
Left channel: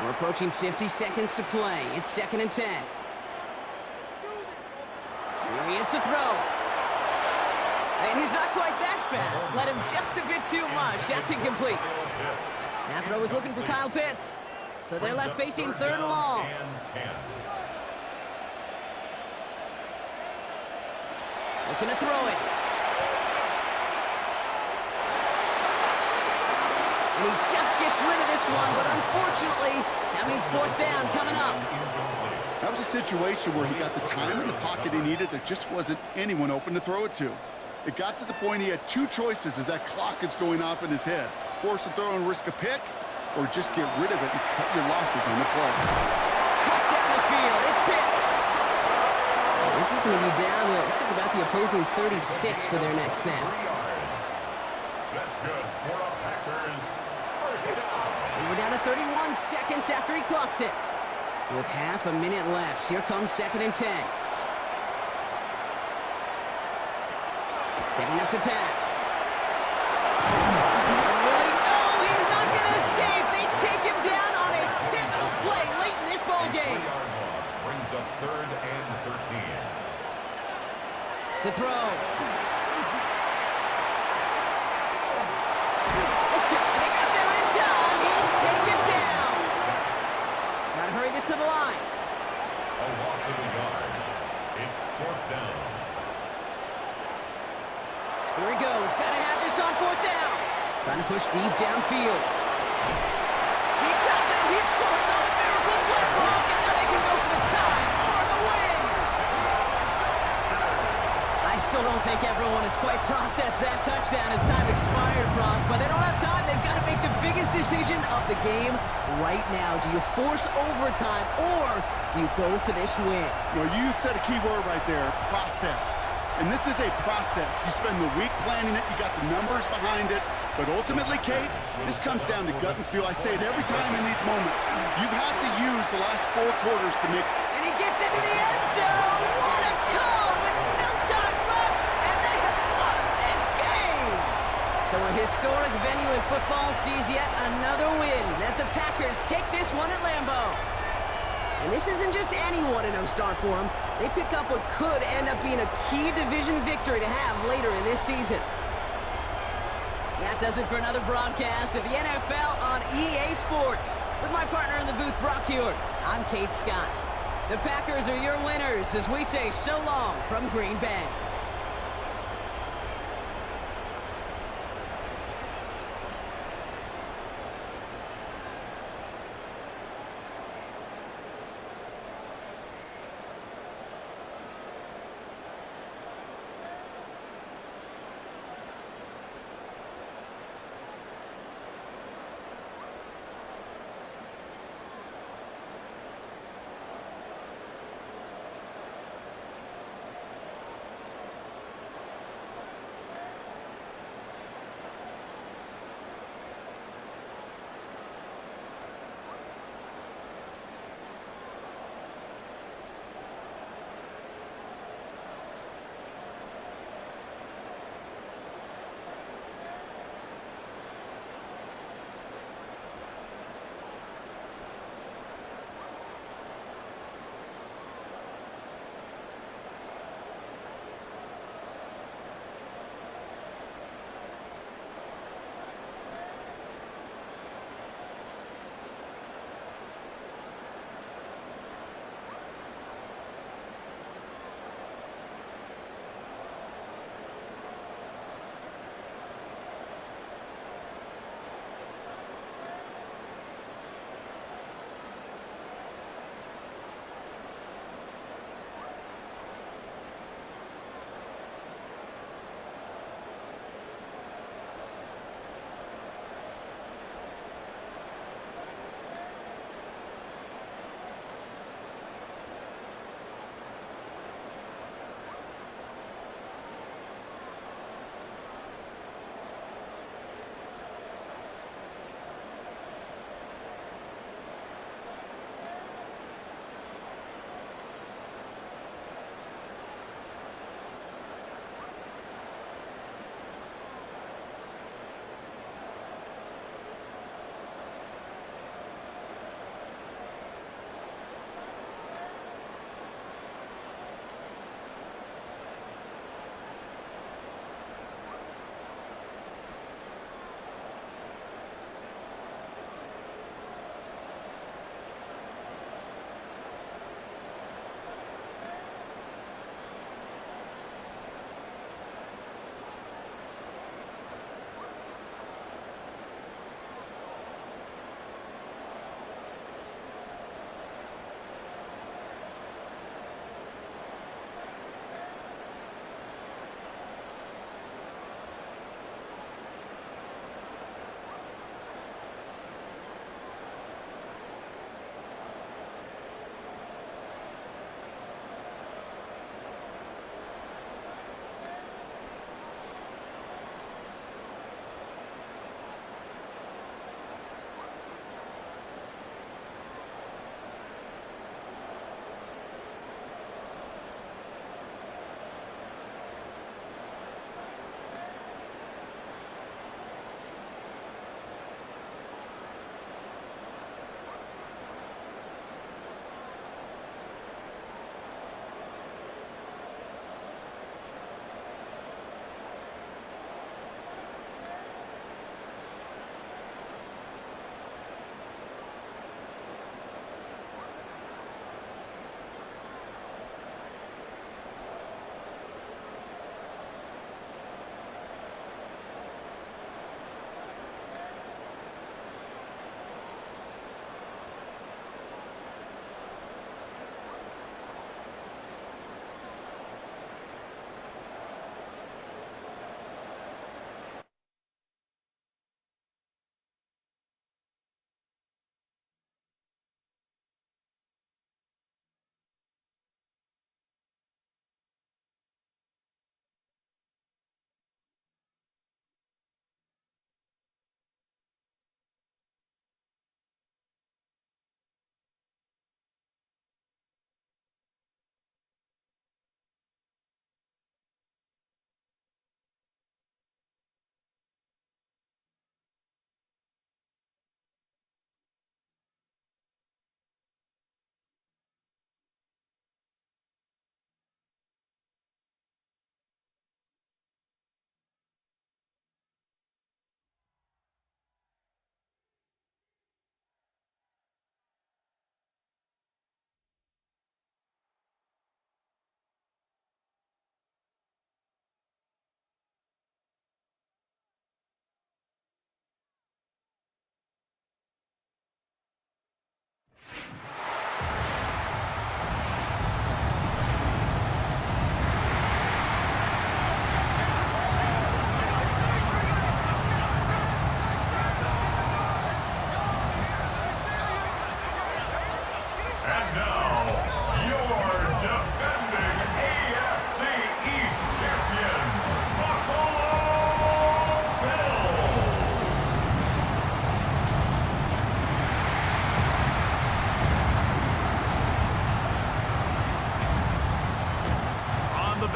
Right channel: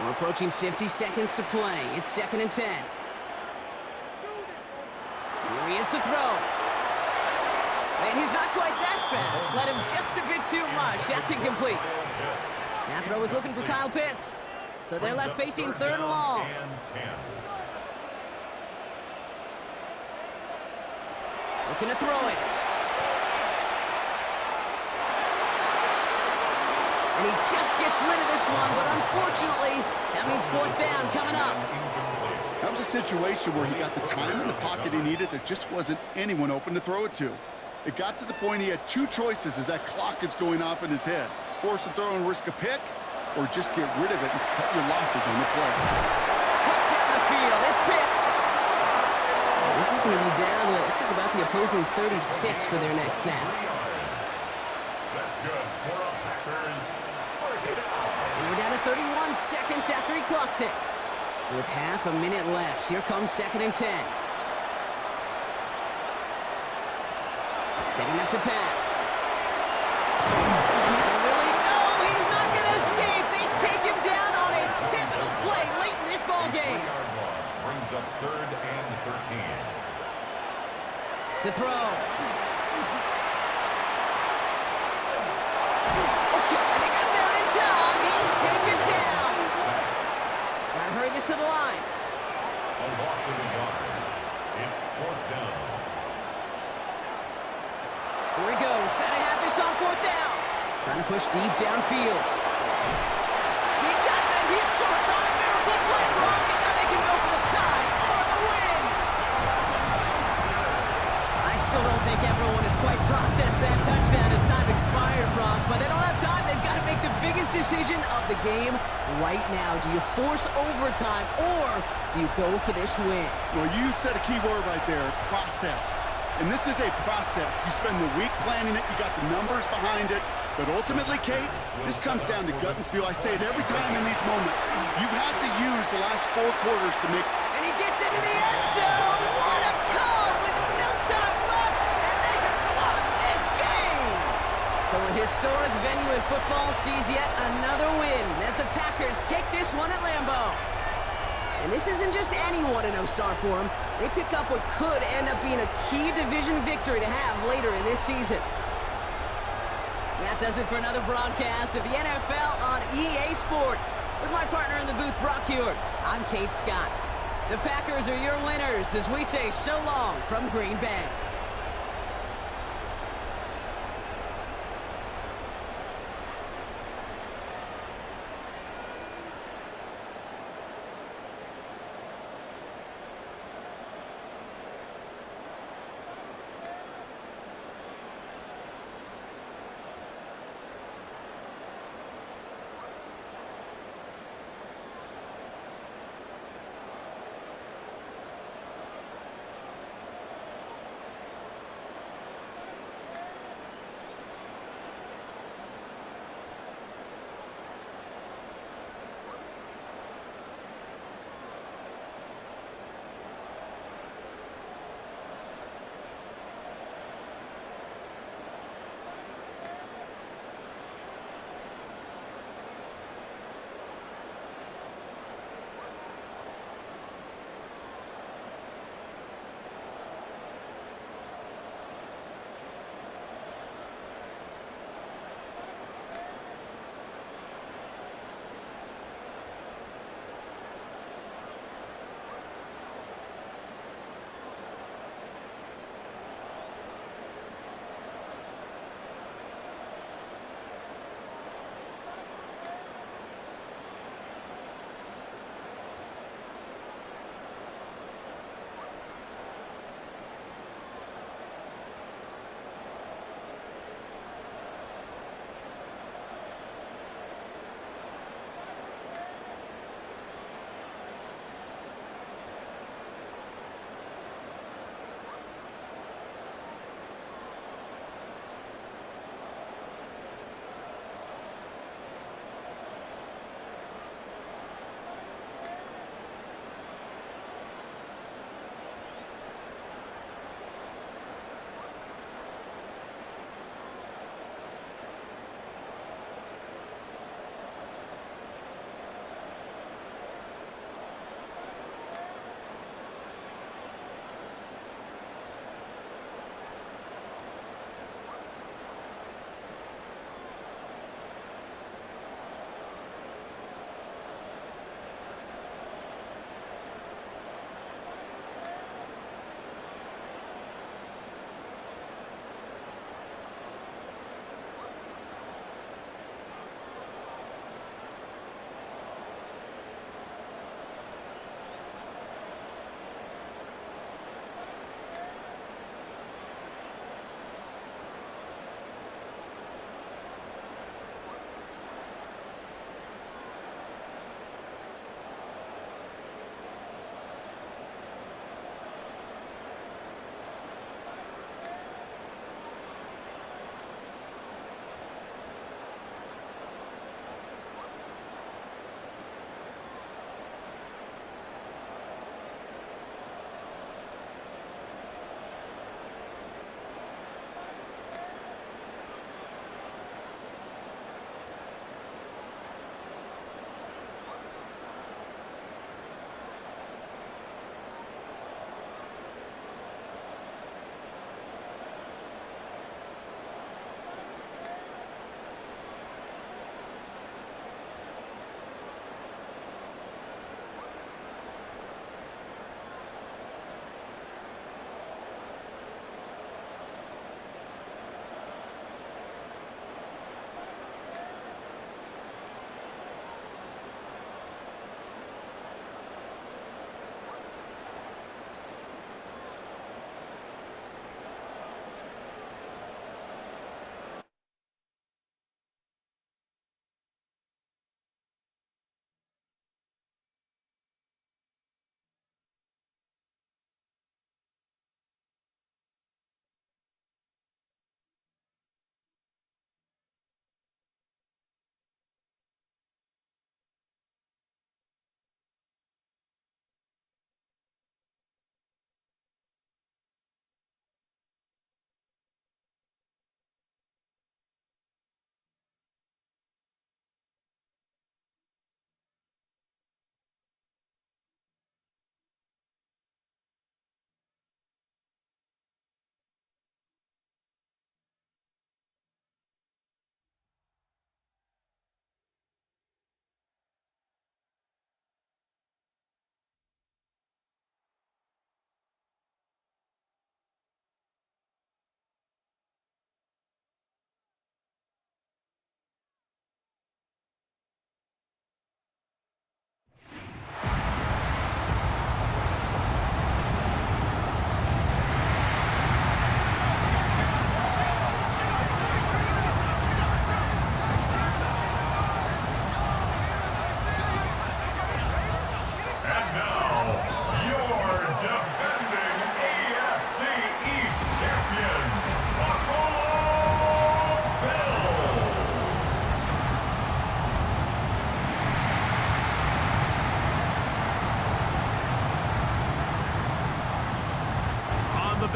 We're approaching 50 seconds to play. It's 2nd and 10. Here he is to throw. And he's not quite that fast. Let him just a bit too much. That's incomplete. That throw was looking for Kyle Pitts. So they're left facing 3rd and long. Looking to throw it. And he just gets rid of this one, but unfortunately, that means 4th down coming up. That was a situation where he got the time in the pocket he needed. There just wasn't anyone open to throw it to. It got to the point he had 2 choices as that clock is going off in his head. Force a throw and risk a pick, or just get rid of it and cut your losses on the play. Cut down the field. It's Pitts. This is going to be down to, looks like about the opposing 36 for their next snap. 3 yards. That's good for a Packers first down. And we're down to 31 seconds after he clocks it. With half a minute left, here comes 2nd and 10. Setting up to pass. And really, no, he's not going to escape. They take him down on a pivotal play late in this ball game. 3-yard loss brings up 3rd and 13. To throw. Okay, and they got there in time. He's taken down. Got to hurry this to the line. A loss of a yard. It's 4th down. Here he goes. Got to have this on 4th down. Trying to push deep downfield. He does it. He scores on a miracle play, Brock, and now they can go for the tie or the win. I still don't think everyone has quite processed that touchdown as time expired, Brock, but they don't have time. They've got to make the biggest decision of the game right now. Do you force overtime or do you go for this win? Well, you said a key word right there, processed. And this is a process. You spend the week planning it, you got the numbers behind it, but ultimately, Kate, this comes down to gut and feel. I say it every time in these moments. You've had to use the last 4 quarters to make... And he gets into the end zone! What a call with no time left, and they have won this game! So a historic venue in football sees yet another win as the Packers take this one at Lambeau. And this isn't just any 1-0 start for them. They pick up what could end up being a key division victory to have later in this season. That does it for another broadcast of the NFL on EA Sports. With my partner in the booth, Brock Heward, I'm Kate Scott. The Packers are your winners as we say so long from Green Bay.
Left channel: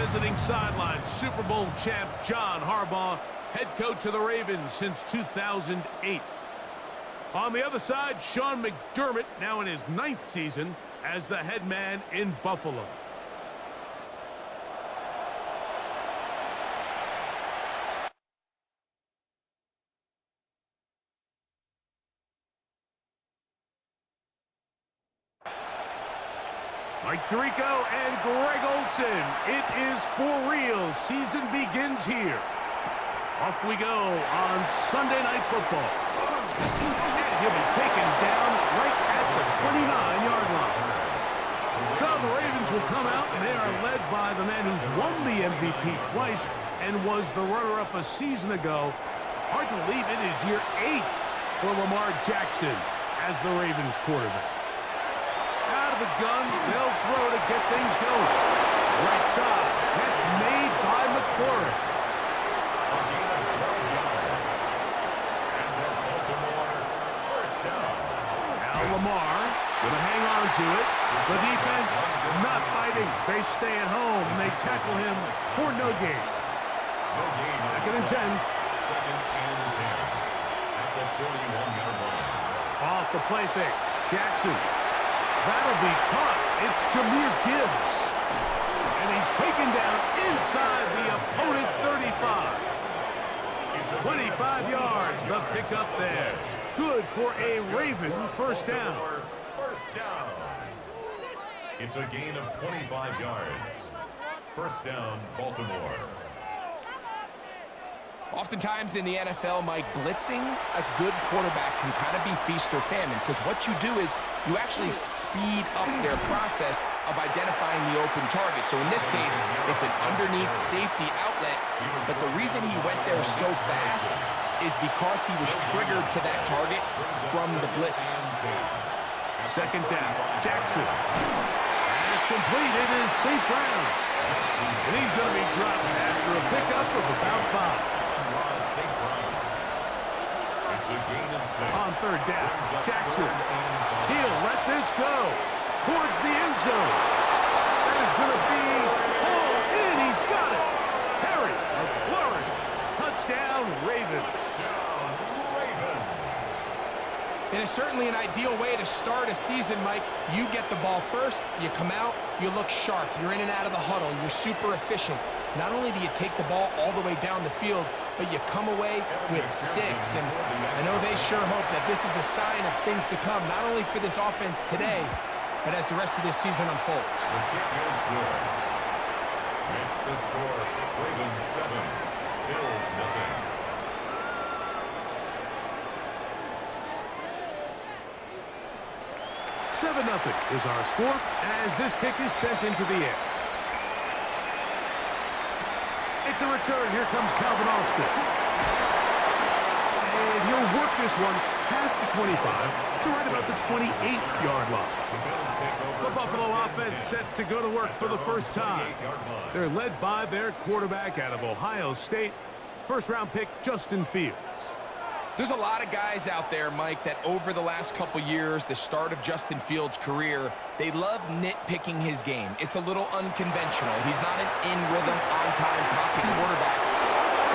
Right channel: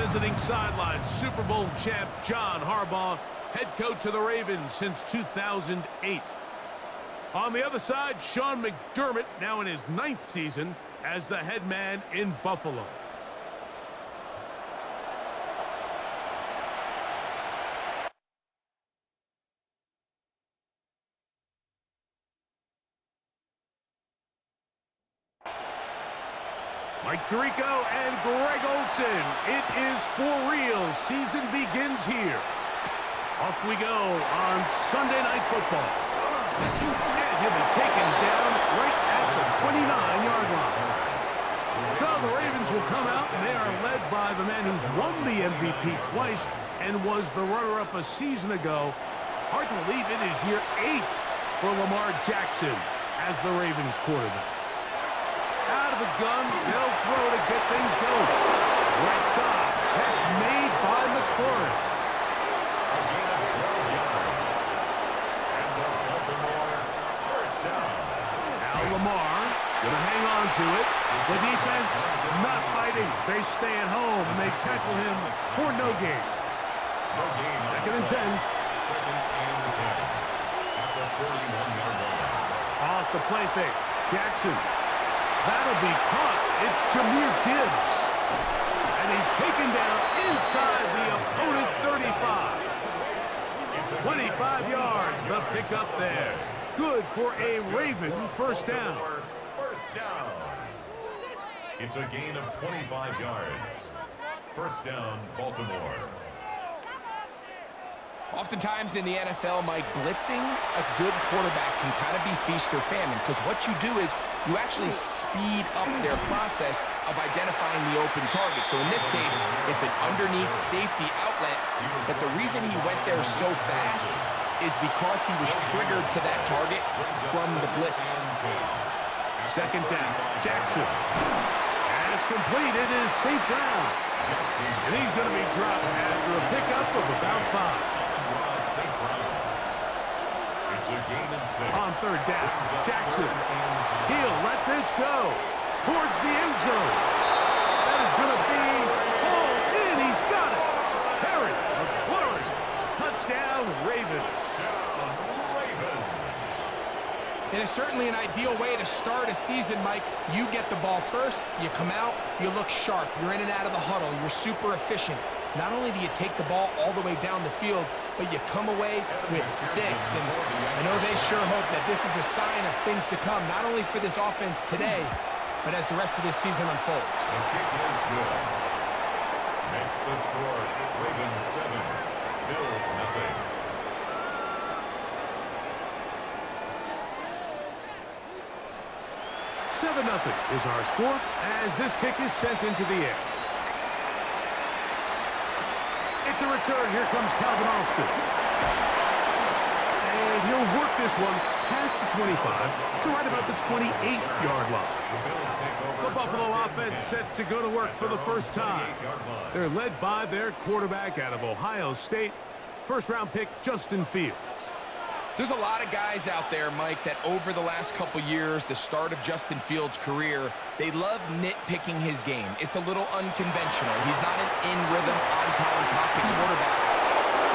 visiting sideline, Super Bowl champ John Harbaugh, head coach of the Ravens since 2008. On the other side, Sean McDermott, now in his 9th season as the head man in Buffalo. Mike Tirico and Greg Olsen. It is for real. Season begins here. Off we go on Sunday Night Football. And he'll be taken down right at the 29-yard line. So the Ravens will come out, and they are led by the man who's won the MVP twice and was the runner-up a season ago. Hard to believe it is year 8 for Lamar Jackson as the Ravens quarterback. Out of the gun, they'll throw to get things going. Right side, catch made by McLaurin. A gain of 12 yards. And the Baltimore first down. Now Lamar gonna hang on to it. The defense not fighting. They stay at home and they tackle him for no gain. No gain. Second and 10. Second and 10. At the 41-yard line. Off the play fake. Jaxon. That'll be caught. It's Jahmyr Gibbs. And he's taken down inside the opponent's 35. 25 yards, the pickup there. Good for a Raven first down. First down. It's a gain of 25 yards. First down, Baltimore. Oftentimes in the NFL, Mike, blitzing a good quarterback can kind of be feast or famine, because what you do is you actually speed up their process of identifying the open target. So in this case, it's an underneath safety outlet, but the reason he went there so fast is because he was triggered to that target from the blitz. Second down, Jaxon. As completed is St. Brown. And he's going to be dropped after a pickup of about 5. It's a gain of 6. On third down, Jaxon. He'll let this go towards the end zone. That is going to be hauled in. He's got it. Harry McLaurin. Touchdown, Ravens. It is certainly an ideal way to start a season, Mike. You get the ball first, you come out, you look sharp, you're in and out of the huddle, you're super efficient. Not only do you take the ball all the way down the field, but you come away with 6. And I know they sure hope that this is a sign of things to come, not only for this offense today, but as the rest of this season unfolds. The kick is good. Makes the score Ravens 7, Bills nothing. $7-0 is our score as this kick is sent into the air. It's a return. Here comes Calvin Austin. And he'll work this one past the 25 to right about the 28-yard line. The Buffalo offense set to go to work for the first time. They're led by their quarterback out of Ohio State, first-round pick Justin Fields. There's a lot of guys out there, Mike, that over the last couple years, the start of Justin Fields' career, they love nitpicking his game. It's a little unconventional. He's not an in-rhythm, on-time pocket quarterback.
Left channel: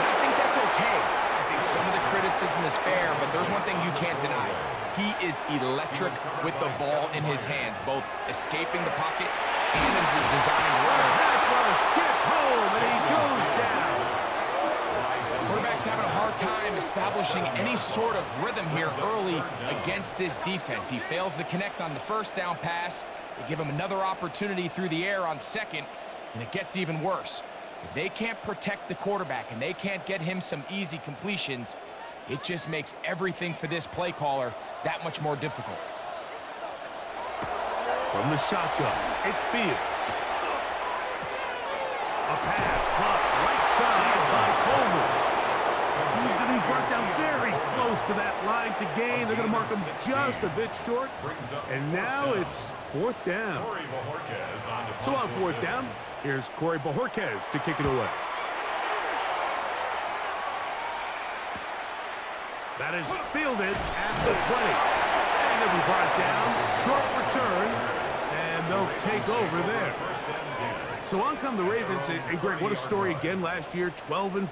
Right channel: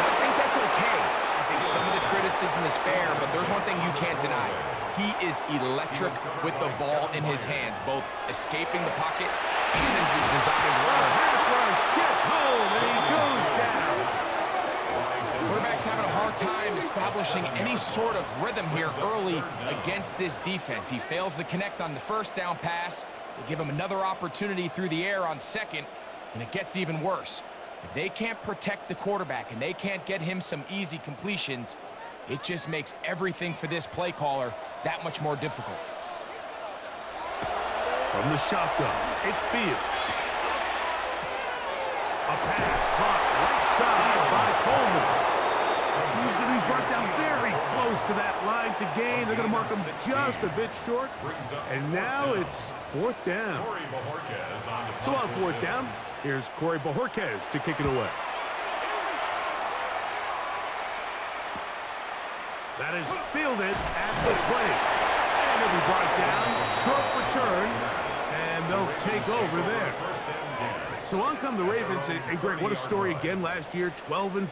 But I think that's okay. I think some of the criticism is fair, but there's one thing you can't deny. He is electric with the ball in his hands, both escaping the pocket and as a designed runner. Pass rush gets home, and he goes down. Quarterback's having a hard time establishing any sort of rhythm here early against this defense. He fails to connect on the first down pass. They give him another opportunity through the air on second, and it gets even worse. If they can't protect the quarterback and they can't get him some easy completions, it just makes everything for this play caller that much more difficult. From the shotgun, it's Fields. A pass caught right side by Coleman. He's going to be brought down very close to that line to gain. They're going to mark him just a bit short. And now it's fourth down. So on fourth down, here's Corey Bojorquez to kick it away. That is fielded at the 20. And he'll be brought down. Short return. And And they'll take over there. So on come the Ravens, and Greg, what a story again last year, 12-5,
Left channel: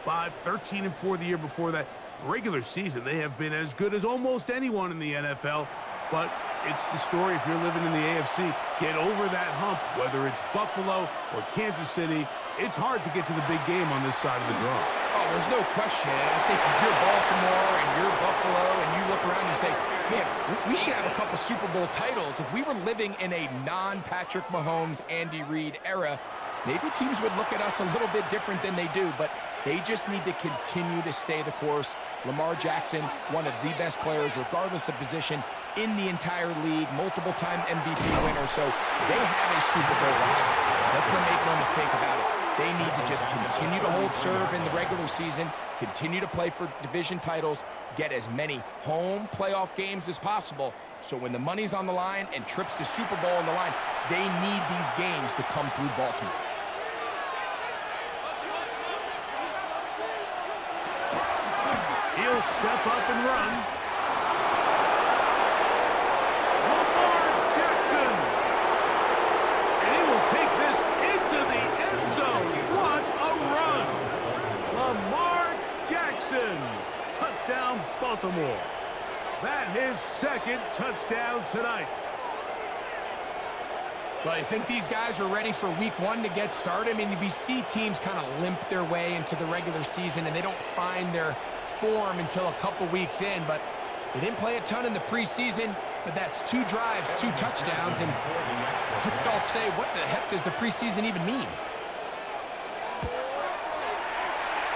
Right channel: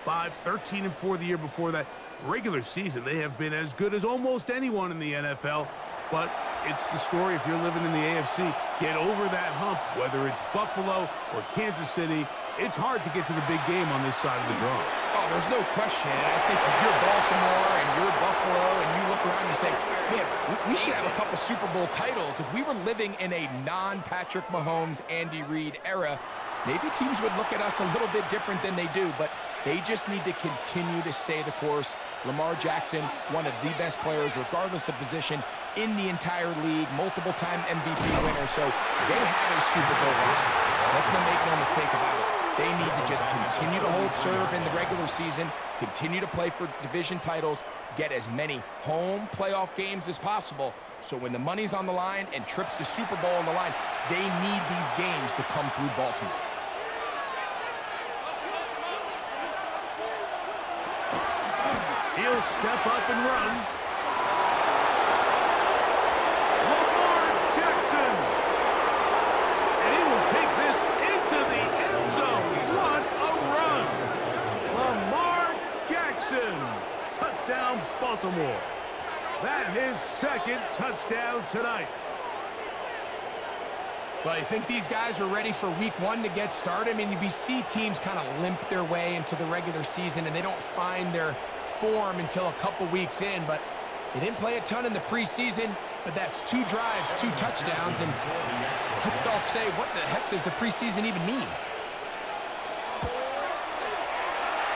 13-4 the year before that. Regular season, they have been as good as almost anyone in the NFL, but it's the story if you're living in the AFC. Get over that hump, whether it's Buffalo or Kansas City. It's hard to get to the big game on this side of the draw. Oh, there's no question. And I think if you're Baltimore and you're Buffalo and you look around and you say, man, we should have a couple Super Bowl titles. If we were living in a non-Patrick Mahomes, Andy Reid era, maybe teams would look at us a little bit different than they do, but they just need to continue to stay the course. Lamar Jackson, one of the best players, regardless of position, in the entire league, multiple-time MVP winner, so they have a Super Bowl roster. Let's not make no mistake about it. They need to just continue to hold serve in the regular season, continue to play for division titles, get as many home playoff games as possible, so when the money's on the line and trips to Super Bowl on the line, they need these games to come through Baltimore. He'll step up and run. Lamar Jackson. And he will take this into the end zone. What a run. Lamar Jackson. Touchdown, Baltimore. That his second touchdown tonight. Well, I think these guys are ready for week one to get started. I mean, we see teams kind of limp their way into the regular season, and they don't find their form until a couple weeks in, but they didn't play a ton in the preseason, but that's 2 drives, 2 touchdowns, and let's all say, what the heck does the preseason even mean?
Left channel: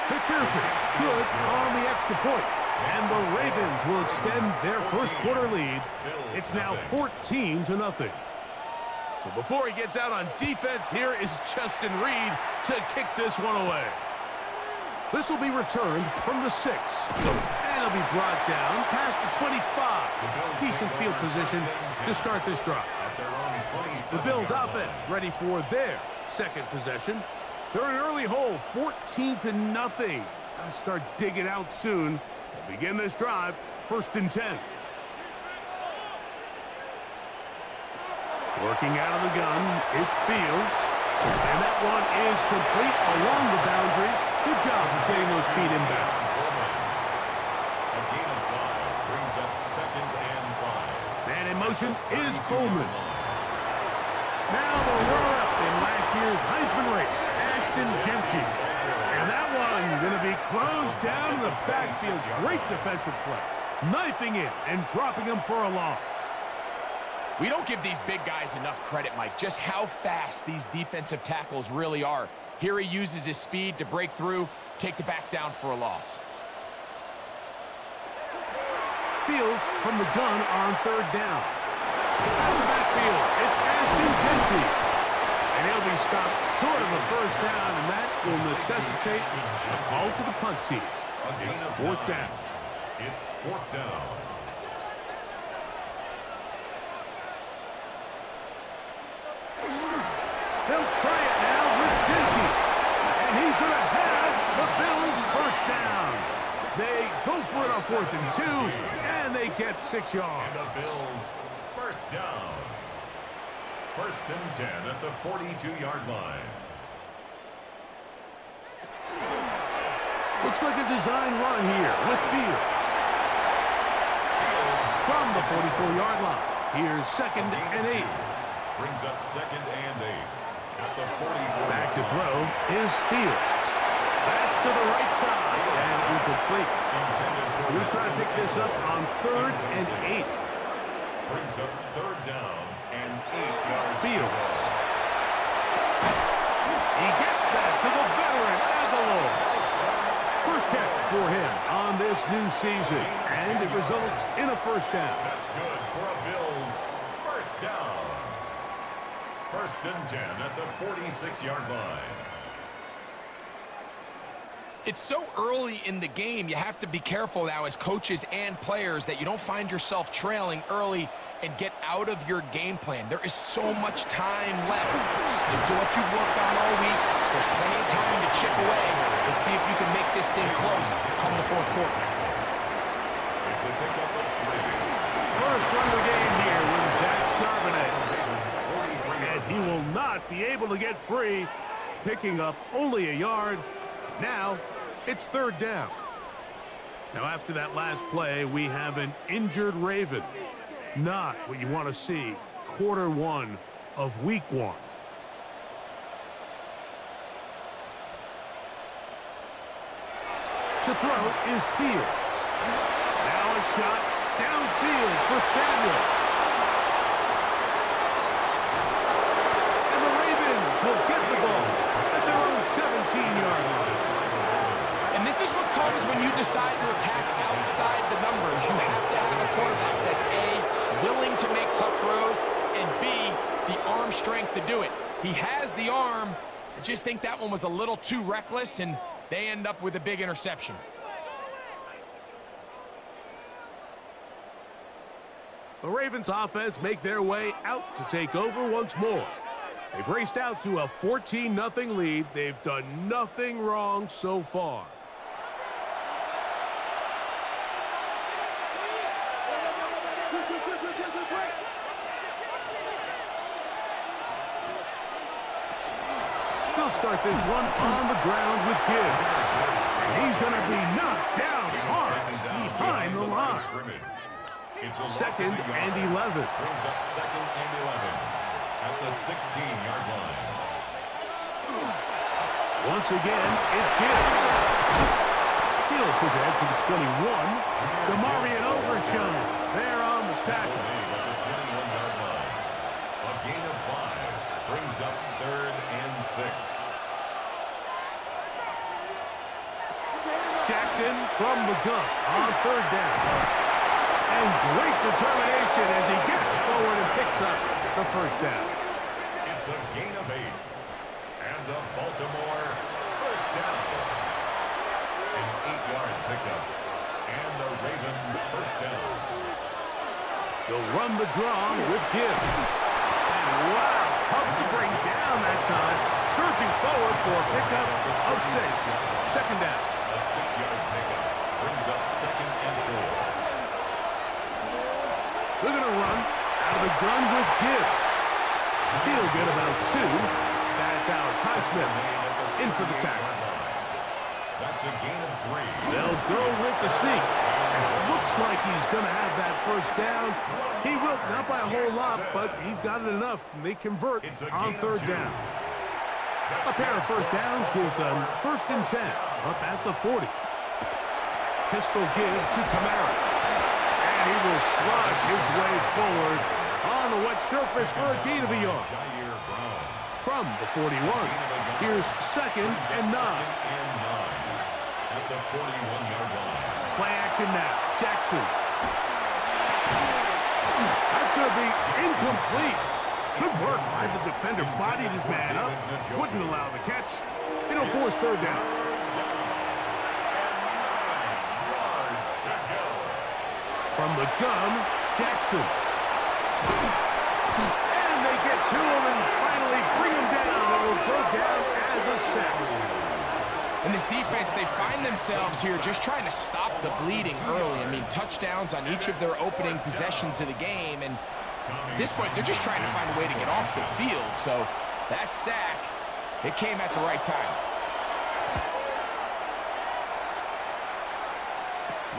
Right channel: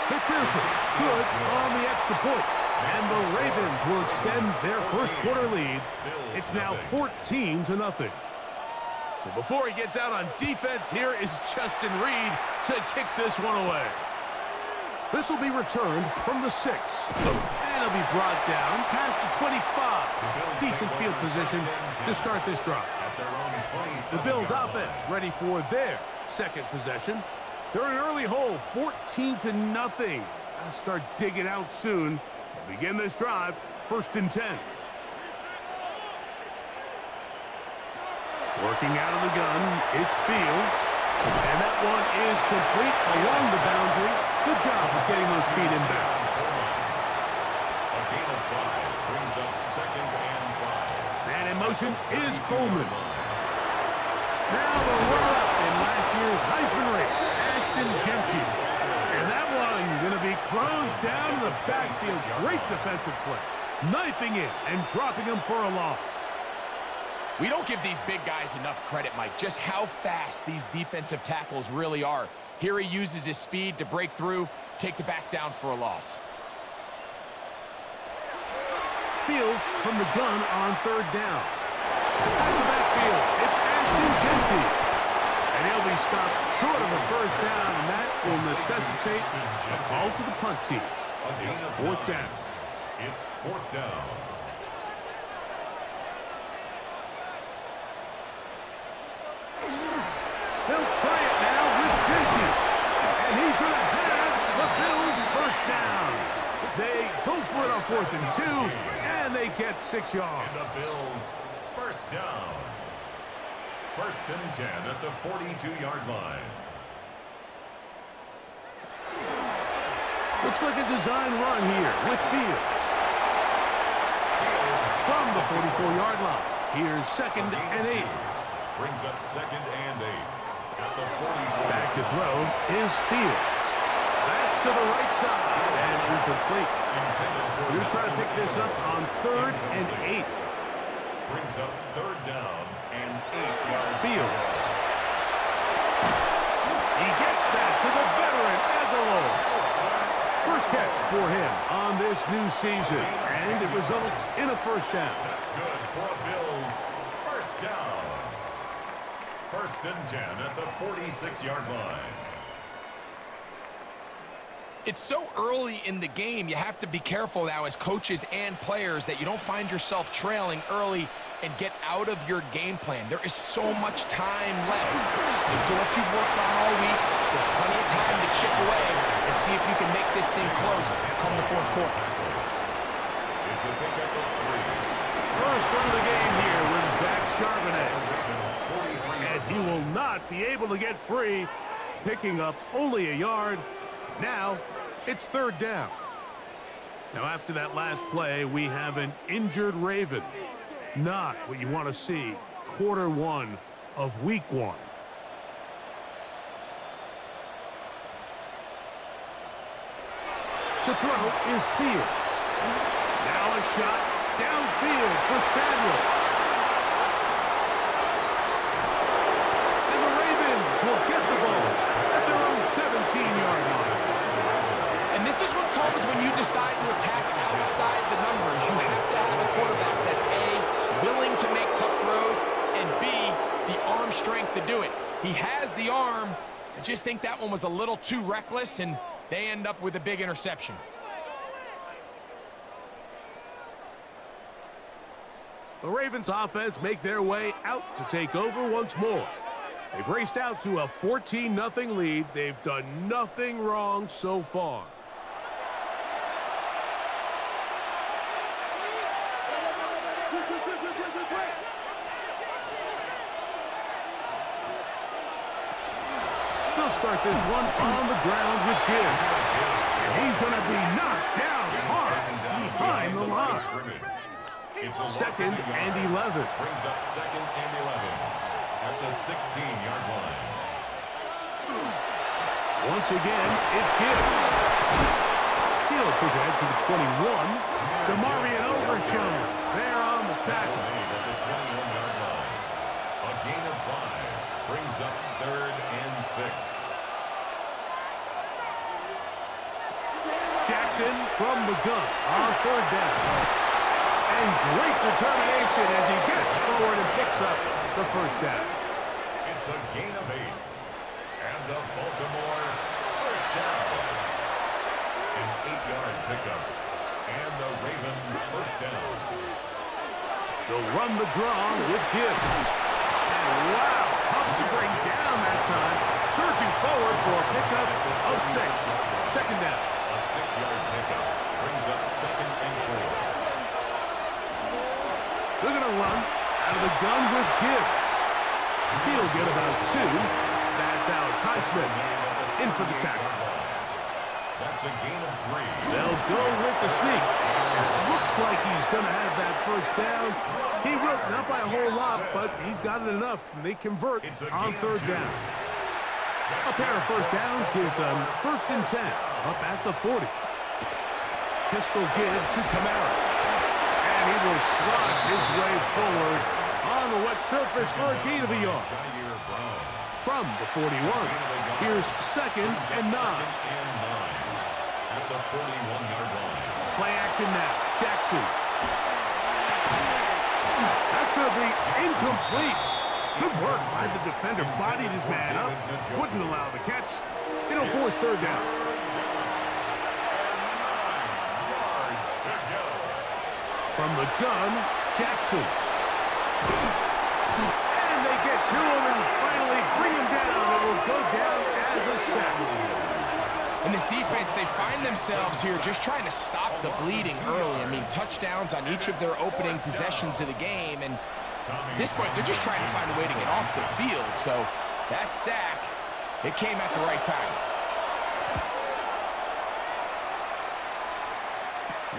McPherson, good on the extra point. And the Ravens will extend their first quarter lead. It's now 14-0. So before he gets out on defense, here is Justin Reed to kick this one away. This will be returned from the 6. And it'll be brought down past the 25. Decent field position to start this drive. The Bills offense ready for their second possession. They're in an early hole, 14-0. I'll start digging out soon. They'll begin this drive, 1st and 10. Working out of the gun, it's Fields. And that one is complete along the boundary. Good job of getting those feet inbound. A gain of 5 brings up 2nd and 5. And in motion is Coleman. Now the runner-up in last year's Heisman race, Ashton Jeanty. And that one going to be closed down in the backfield. Great defensive play. Knifing in and dropping him for a loss. We don't give these big guys enough credit, Mike, just how fast these defensive tackles really are. Here he uses his speed to break through, take the back down for a loss. Fields from the gun on 3rd down. Out of the backfield, it's Ashton Jeanty. And he'll be stopped short of a 1st down, and that will necessitate a call to the punt team. It's 4th down. It's 4th down. They'll try it now with Jeanty. And he's going to have the Bills' 1st down. They go for it on 4th and 2, and they get 6 yards. And the Bills' 1st down. 1st and 10 at the 42-yard line. Looks like a design run here with Fields. From the 44-yard line. Here's 2nd and 8. Brings up 2nd and 8. At the 44. Back to throw is Fields. That's to the right side and incomplete. You're trying to pick this up on 3rd and 8. Brings up 3rd down and 8 yards. Fields. He gets that to the veteran Aguilar. First catch for him on this new season, and it results in a 1st down. That's good for a Bills 1st down. 1st and 10 at the 46-yard line. It's so early in the game, you have to be careful now as coaches and players that you don't find yourself trailing early and get out of your game plan. There is so much time left. Stick to what you've worked on all week. There's plenty of time to chip away and see if you can make this thing close come the 4th quarter. It's a pickup of 3. First run of the game here with Zach Charbonnet. And he will not be able to get free, picking up only a yard. Now, it's 3rd down. Now, after that last play, we have an injured Raven. Not what you want to see quarter 1 of week 1. To throw is Fields. Now a shot downfield for Samuel. And the Ravens will get the ball at their own 17-yard line. And this is what comes when you decide to attack outside the numbers. You have to have a quarterback that's A, willing to make tough throws, and B, the arm strength to do it. He has the arm. I just think that one was a little too reckless, and they end up with a big interception. The Ravens offense make their way out to take over once more. They've raced out to a 14-0 lead. They've done nothing wrong so far. They'll start this one on the ground with Gibbs. And he's going to be knocked down hard behind the line. It's a 2nd and 11. Brings up 2nd and 11 at the 16-yard line. Once again, it's Gibbs. He'll push ahead to the 21. Demarion Overshown there on the tackle. At the 21-yard line. A gain of 5 brings up 3rd and 6. Jaxon from the gun on 3rd down. And great determination as he gets forward and picks up the 1st down. It's a gain of 8. And a Baltimore 1st down. An 8-yard pickup. And the Raven 1st down. They'll run the draw with Gibbs. And wow, tough to bring down that time. Surging forward for a pickup of 6. 2nd down. A 6-yard pickup brings up 2nd and 4. They're going to run out of the gun with Gibbs. He'll get about 2. That's Alex Highsmith in for the tackle. That's a gain of 3. They'll go with the sneak. And it looks like he's going to have that 1st down. He will, not by a whole lot, but he's got it enough. And they convert on 3rd down. A pair of 1st downs gives them 1st and 10 up at the 40. Pistol give to Kamara. And he will slosh his way forward on the wet surface for a gain of a yard. From the 41, here's 2nd and 9. At the 41-yard line. Play action now. Jaxon. That's going to be incomplete. Good work by the defender. Bodied his man up. Wouldn't allow the catch. It'll force 3rd down. From the gun, Jaxon. And they get to him and finally bring him down. It will go down as a sack. In this defense, they find themselves here just trying to stop the bleeding early. I mean, touchdowns on each of their opening possessions of the game. And at this point, they're just trying to find a way to get off the field. So that sack, it came at the right time.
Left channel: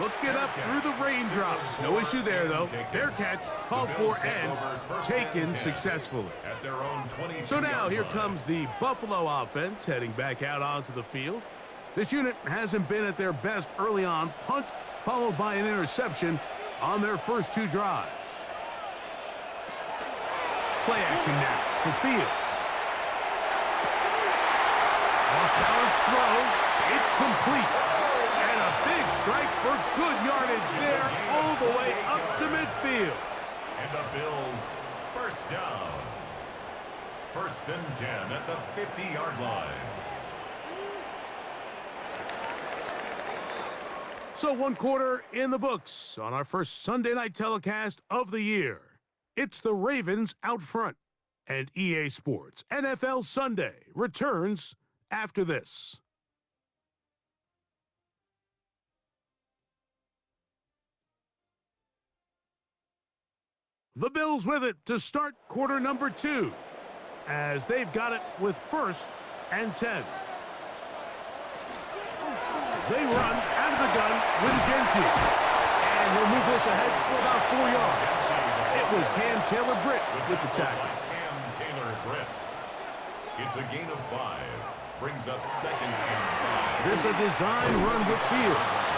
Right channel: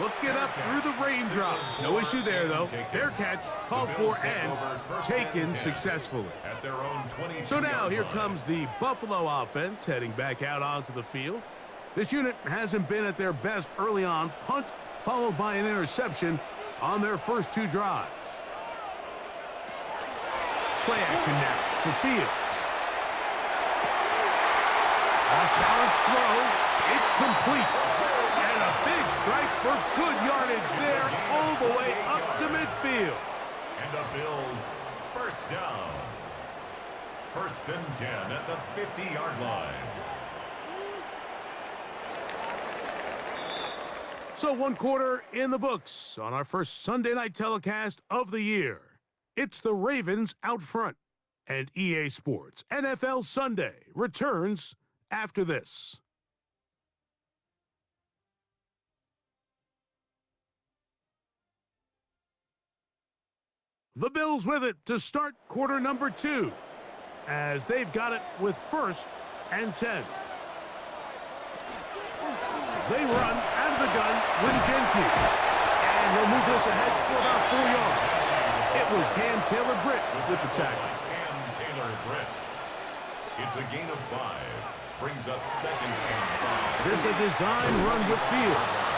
Look it up through the raindrops. No issue there, though. Fair catch, called for, and taken successfully. So now here comes the Buffalo offense heading back out onto the field. This unit hasn't been at their best early on. Punt followed by an interception on their first 2 drives. Play action now for Fields. Off-balance throw. It's complete. And a big strike for good yardage there all the way up to midfield. And the Bills 1st down. 1st and 10 at the 50-yard line. So 1 quarter in the books on our first Sunday night telecast of the year. It's the Ravens out front. And EA Sports NFL Sunday returns after this. The Bills with it to start quarter number 2, as they've got it with 1st and 10. They run out of the gun with Genty, and he'll move this ahead for about 4 yards. It was Cam Taylor-Britt with the tackle. Cam Taylor-Britt. It's a gain of 5. Brings up 2nd and 5. This a design run with Fields.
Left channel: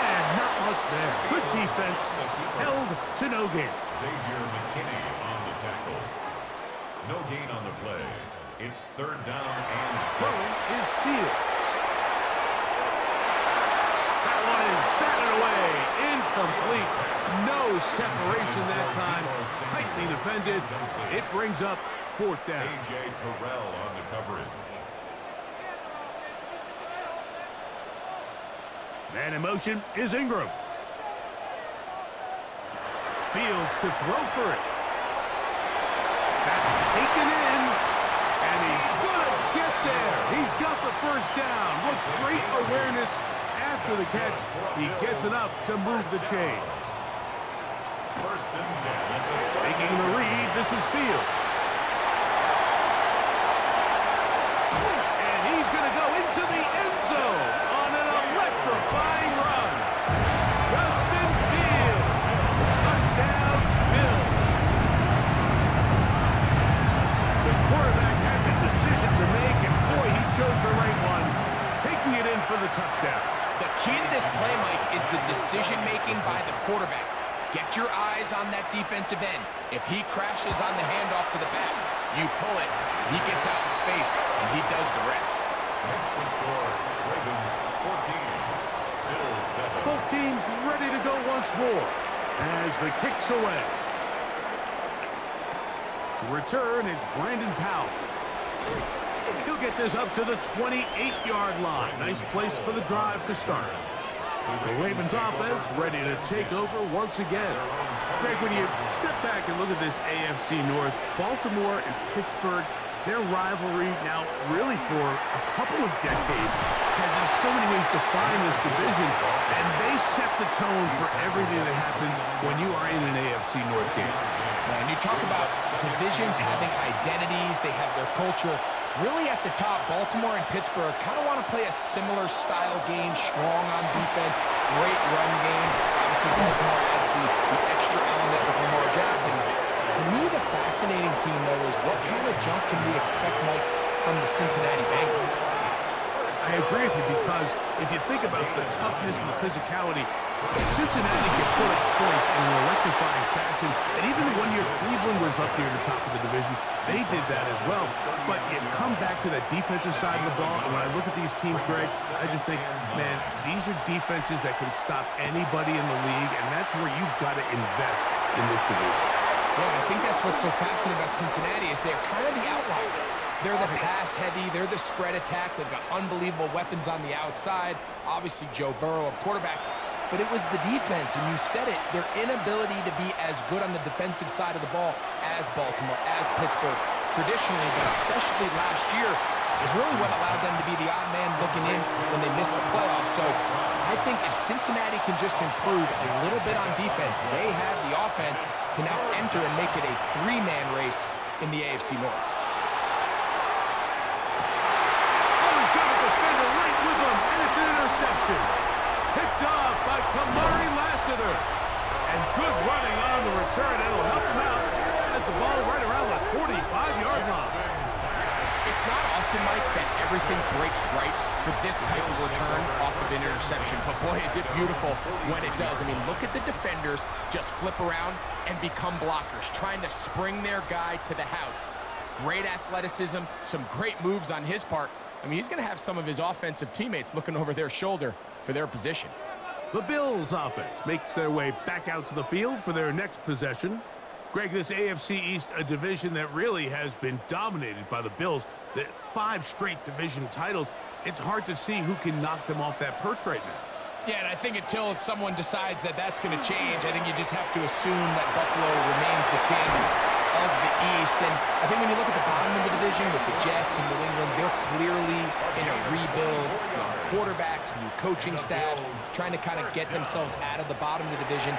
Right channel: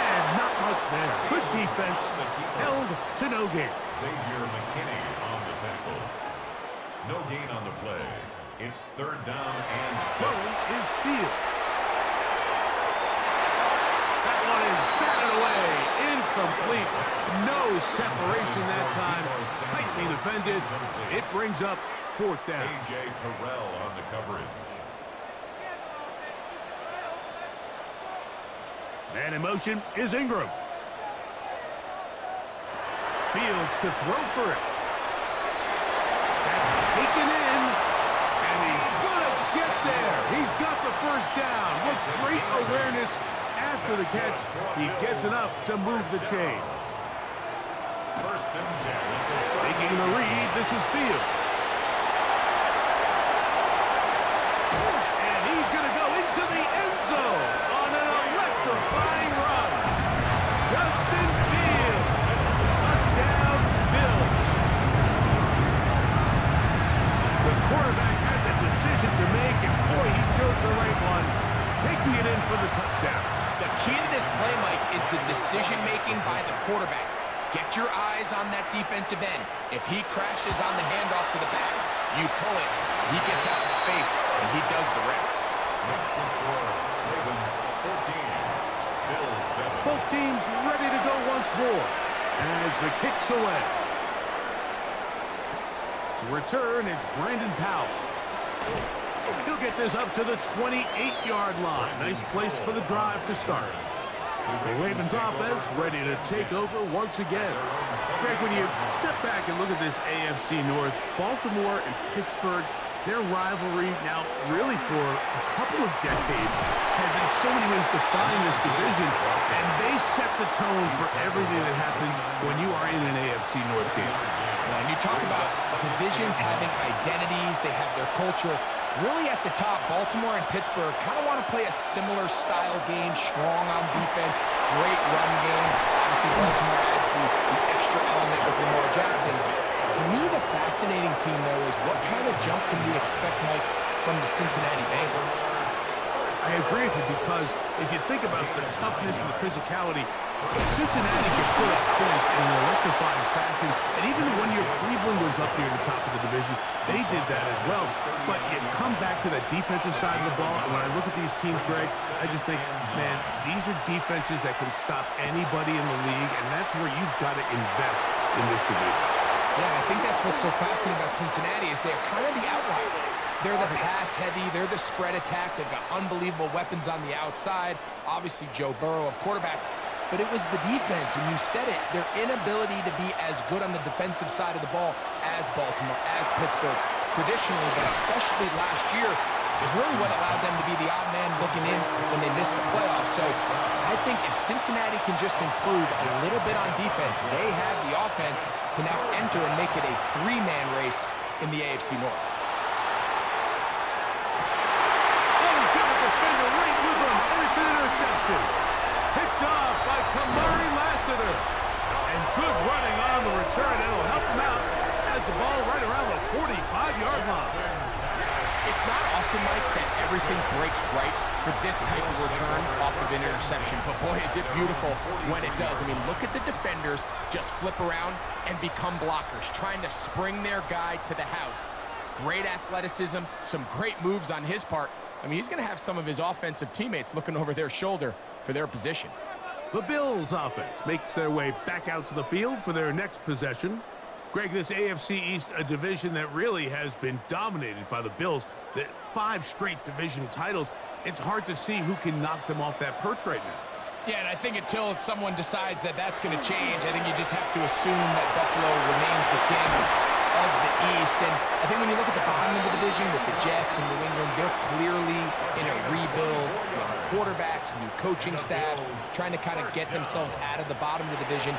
And not much there. Good defense. Held to no gain. Xavier McKinney on the tackle. No gain on the play. It's 3rd down and 6. Throwing is Fields. That one is batted away. Incomplete. No separation that time. Tightly defended. It brings up 4th down. A.J. Terrell on the coverage. Man in motion is Ingram. Fields to throw for it. That's taken in. And he's going to get there. He's got the 1st down. With great awareness after the catch. He gets enough to move the chains. 1st and 10. Making the read, this is Fields. And he's going to go into the end zone on an electrifying run. Justin Fields. Touchdown, Bills. The quarterback had the decision to make, and boy, he chose the right one, taking it in for the touchdown. The key to this play, Mike, is the decision-making by the quarterback. Get your eyes on that defensive end. If he crashes on the handoff to the back, you pull it, he gets out in space, and he does the rest. Makes the score Ravens 14, Bills 7. Both teams ready to go once more as the kick's away. To return, it's Brandon Powell. He'll get this up to the 28-yard line. Nice place for the drive to start. The Ravens offense ready to take over once again. Greg, when you step back and look at this AFC North, Baltimore and Pittsburgh, their rivalry now really for a couple of decades has in so many ways defined this division, and they set the tone for everything that happens when you are in an AFC North game. And you talk about divisions having identities, they have their culture. Really at the top, Baltimore and Pittsburgh kind of want to play a similar style game, strong on defense, great run game. Obviously, Baltimore adds the extra element with Lamar Jackson. To me, the fascinating team, though, is what kind of jump can we expect, Mike, from the Cincinnati Bengals? I agree with you, because if you think about the toughness and the physicality, Cincinnati can put up points in an electrifying fashion, and even the 1 year Cleveland was up near the top of the division, they did that as well. But you come back to that defensive side of the ball, and when I look at these teams, Greg, I just think, man, these are defenses that can stop anybody in the league, and that's where you've got to invest in this division. Yeah, I think that's what's so fascinating about Cincinnati is they're kind of the outlier. They're the pass-heavy, they're the spread attack, they've got unbelievable weapons on the outside, obviously Joe Burrow, a quarterback, but it was the defense, and you said it, their inability to be as good on the defensive side of the ball as Baltimore, as Pittsburgh, traditionally, but especially last year, is really what allowed them to be the odd man looking in when they missed the playoffs. So I think if Cincinnati can just improve a little bit on defense, they have the offense to now enter and make it a 3-man race in the AFC North. He's got a defender right with him, and it's an interception. Picked off by Kamari Lassiter. And good running on the return. It'll help him out as the ball right around the 45-yard line. It's not often, Mike, that everything breaks right for this type of return off of an interception. But boy, is it beautiful when it does. I mean, look at the defenders just flip around and become blockers, trying to spring their guy to the house. Great athleticism, some great moves on his part. I mean, he's going to have some of his offensive teammates looking over their shoulder for their position. The Bills offense makes their way back out to the field for their next possession. Greg, this AFC East, a division that really has been dominated by the Bills, the 5 straight division titles, it's hard to see who can knock them off that perch right now. Yeah, and I think until someone decides that that's going to change, I think you just have to assume that Buffalo remains the king of the East. And I think when you look at the bottom of the division with the Jets and New England, they're clearly in a rebuild. quarterbacks, new coaching staffs, trying to kind of get themselves out of the bottom of the division.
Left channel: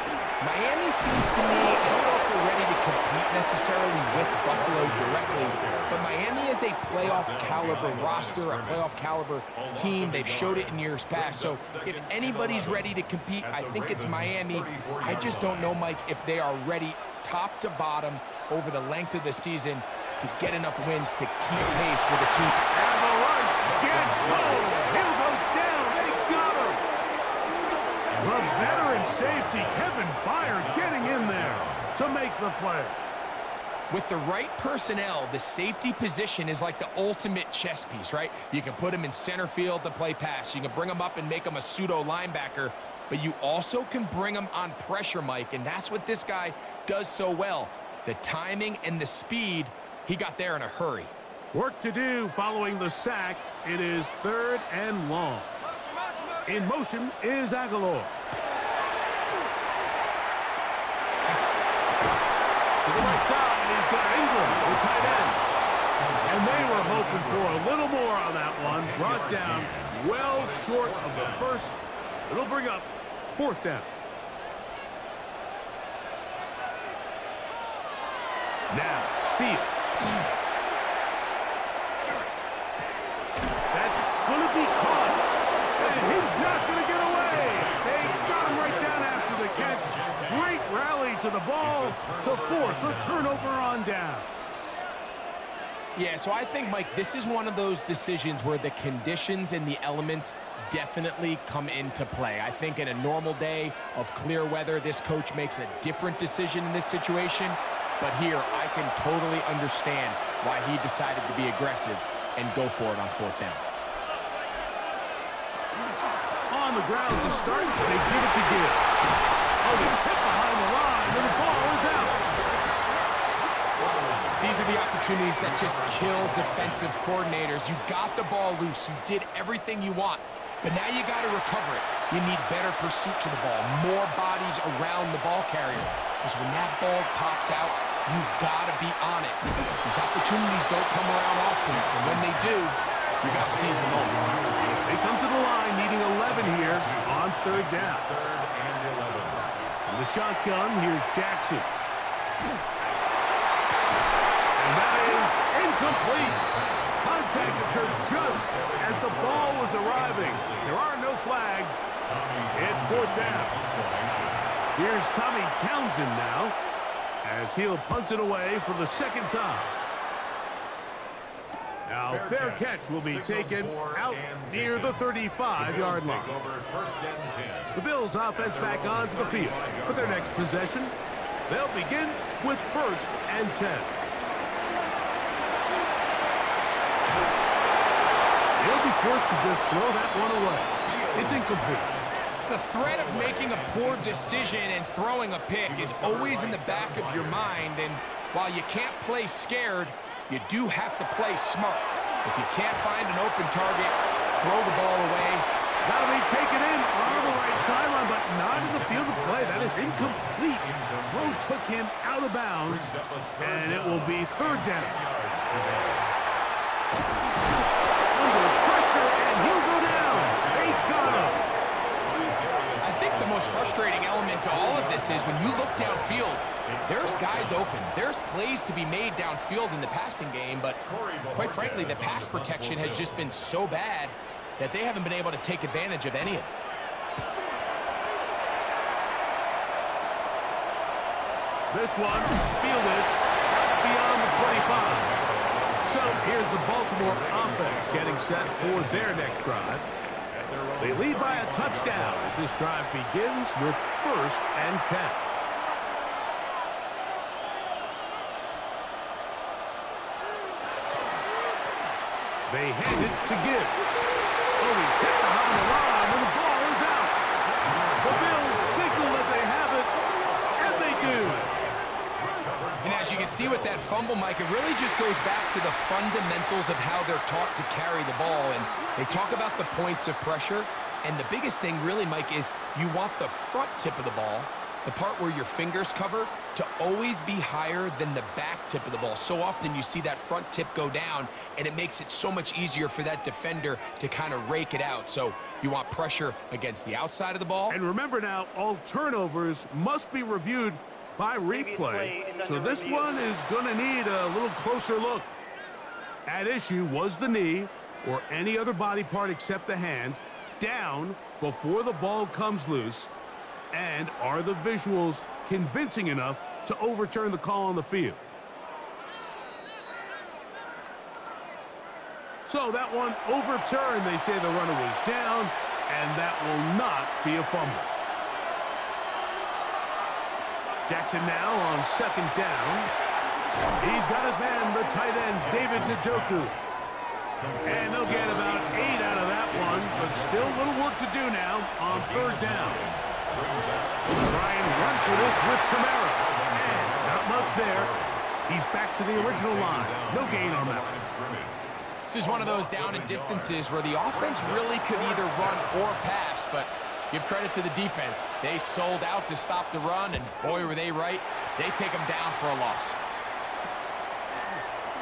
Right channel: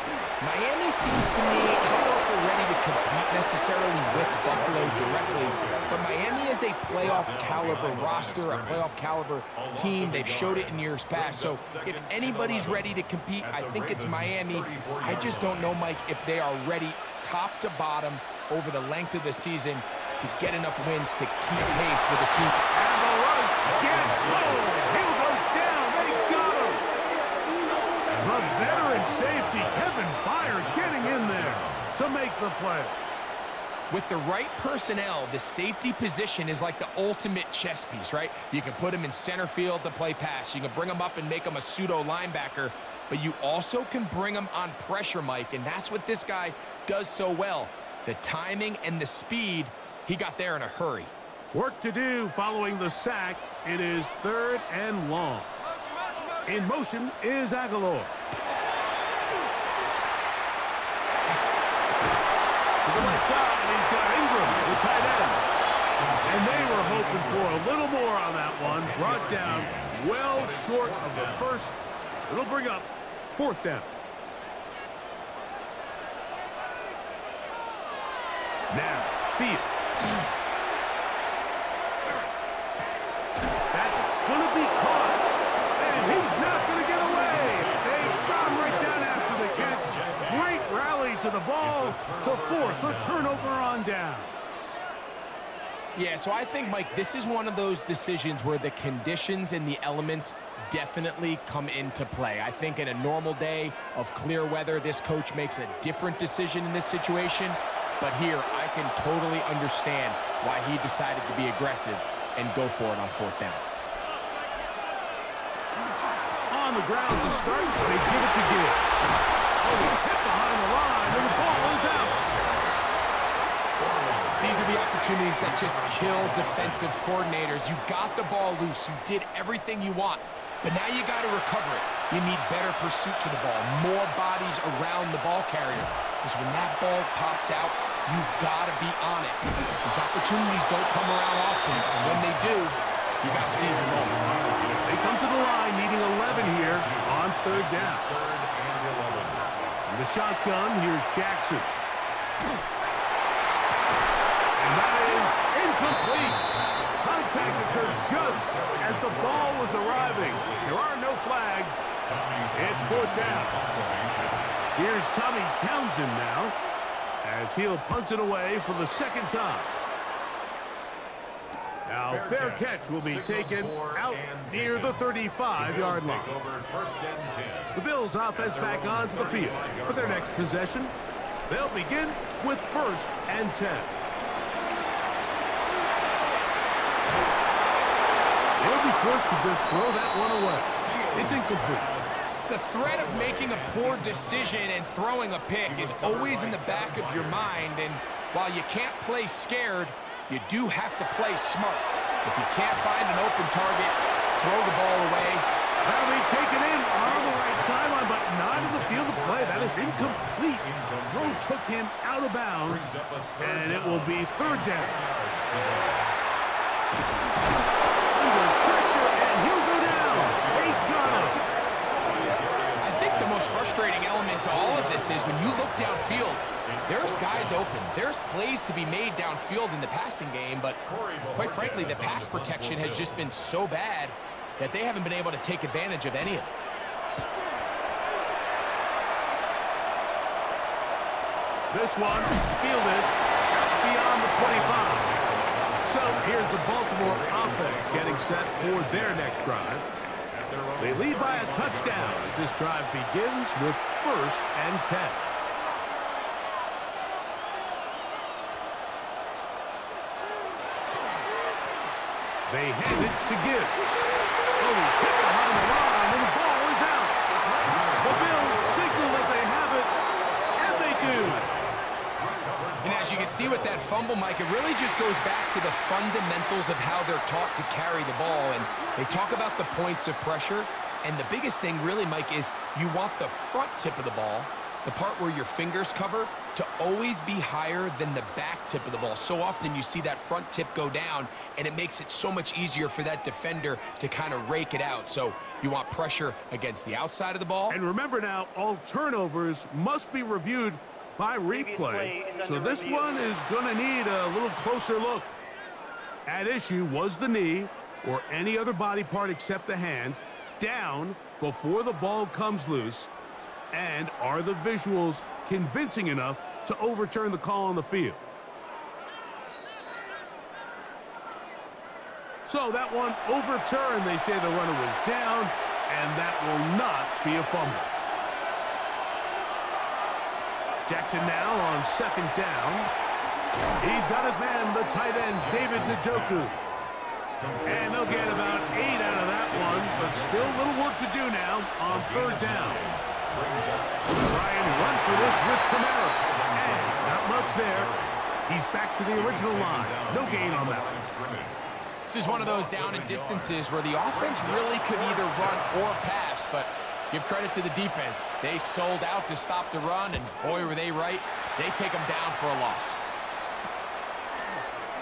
Miami seems to me, I don't know if they're ready to compete necessarily with Buffalo directly, but Miami is a playoff caliber roster, a playoff caliber team. They've showed it in years past. So if anybody's ready to compete, I think it's Miami. I just don't know, Mike, if they are ready top to bottom over the length of the season to get enough wins to keep pace with the team. And the rush gets home. He'll go down. They got him. The veteran safety, Kevin Byard, getting in there to make the play. With the right personnel, the safety position is like the ultimate chess piece, right? You can put him in center field to play pass. You can bring him up and make him a pseudo linebacker, but you also can bring him on pressure, Mike, and that's what this guy does so well. The timing and the speed, he got there in a hurry. Work to do following the sack. It is 3rd and long. In motion is Aguilar. To the right side, he's got Ingram, the tight end. And they were hoping for a little more on that one. Brought down well short of the first. So it'll bring up 4th down. Now, Field. That's going to be caught. And he's not going to get away. They got him right down after the catch. Great rally to the ball to force a turnover on down. Yeah, so I think, Mike, this is one of those decisions where the conditions and the elements definitely come into play. I think in a normal day of clear weather, this coach makes a different decision in this situation. But here, I can totally understand why he decided to be aggressive and go for it on 4th down. On the ground to start, they give it to Gibbs. Oh, he's hit behind the line, and the ball is out. These are the opportunities that just kill defensive coordinators. You got the ball loose. You did everything you want. But now you got to recover it. You need better pursuit to the ball, more bodies around the ball carrier. Because when that ball pops out, you've got to be on it. These opportunities don't come around often, and when they do, you got to seize the moment. They come to the line needing 11 here on 3rd down. From the shotgun, here's Jaxon. And that is incomplete. Contact occurred just as the ball was arriving. There are no flags. It's 4th down. Here's Tommy Townsend now, as he'll punt it away for the 2nd time. Now, fair catch will be taken out near the 35-yard line. The Bills offense back onto the field for their next possession. They'll begin with 1st and 10. They'll be forced to just throw that one away. It's incomplete. The threat of making a poor decision and throwing a pick is always in the back of your mind, and while you can't play scared, you do have to play smart. If you can't find an open target, throw the ball away. That'll be taken in on the right sideline, but not in the field of play. That is incomplete. Throw took him out of bounds, and it will be 3rd down. Under pressure, and he'll go down. They got him. I think the most frustrating element to all of this is when you look downfield, there's guys open. There's plays to be made downfield in the passing game, but quite frankly, the pass protection has just been so bad that they haven't been able to take advantage of any of it. This one fielded out beyond the 25. So here's the Baltimore offense getting set for their next drive. They lead by a touchdown as this drive begins with 1st and 10. They hand it to Gibbs. Oh, he's hit behind the line, and the ball is out. The Bills signal that they have it, and they do. And as you can see with that fumble, Mike, it really just goes back to the fundamentals of how they're taught to carry the ball. And they talk about the points of pressure. And the biggest thing really, Mike, is you want the front tip of the ball the part where your fingers cover, to always be higher than the back tip of the ball. So often you see that front tip go down, and it makes it so much easier for that defender to kind of rake it out. So you want pressure against the outside of the ball. And remember now, all turnovers must be reviewed by replay. So this one is going to need a little closer look. At issue was the knee or any other body part except the hand down before the ball comes loose. And are the visuals convincing enough to overturn the call on the field? So that one overturned. They say the runner was down, and that will not be a fumble. Jaxon now on second down. He's got his man, the tight end, David Njoku. And they'll get about 8 out of that one, but still a little work to do now on third down. Try and run for this with Kamara. And not much there. He's back to the original line. No gain on that one. This is one of those down and distances where the offense really could either run or pass, but give credit to the defense. They sold out to stop the run, and boy, were they right. They take them down for a loss.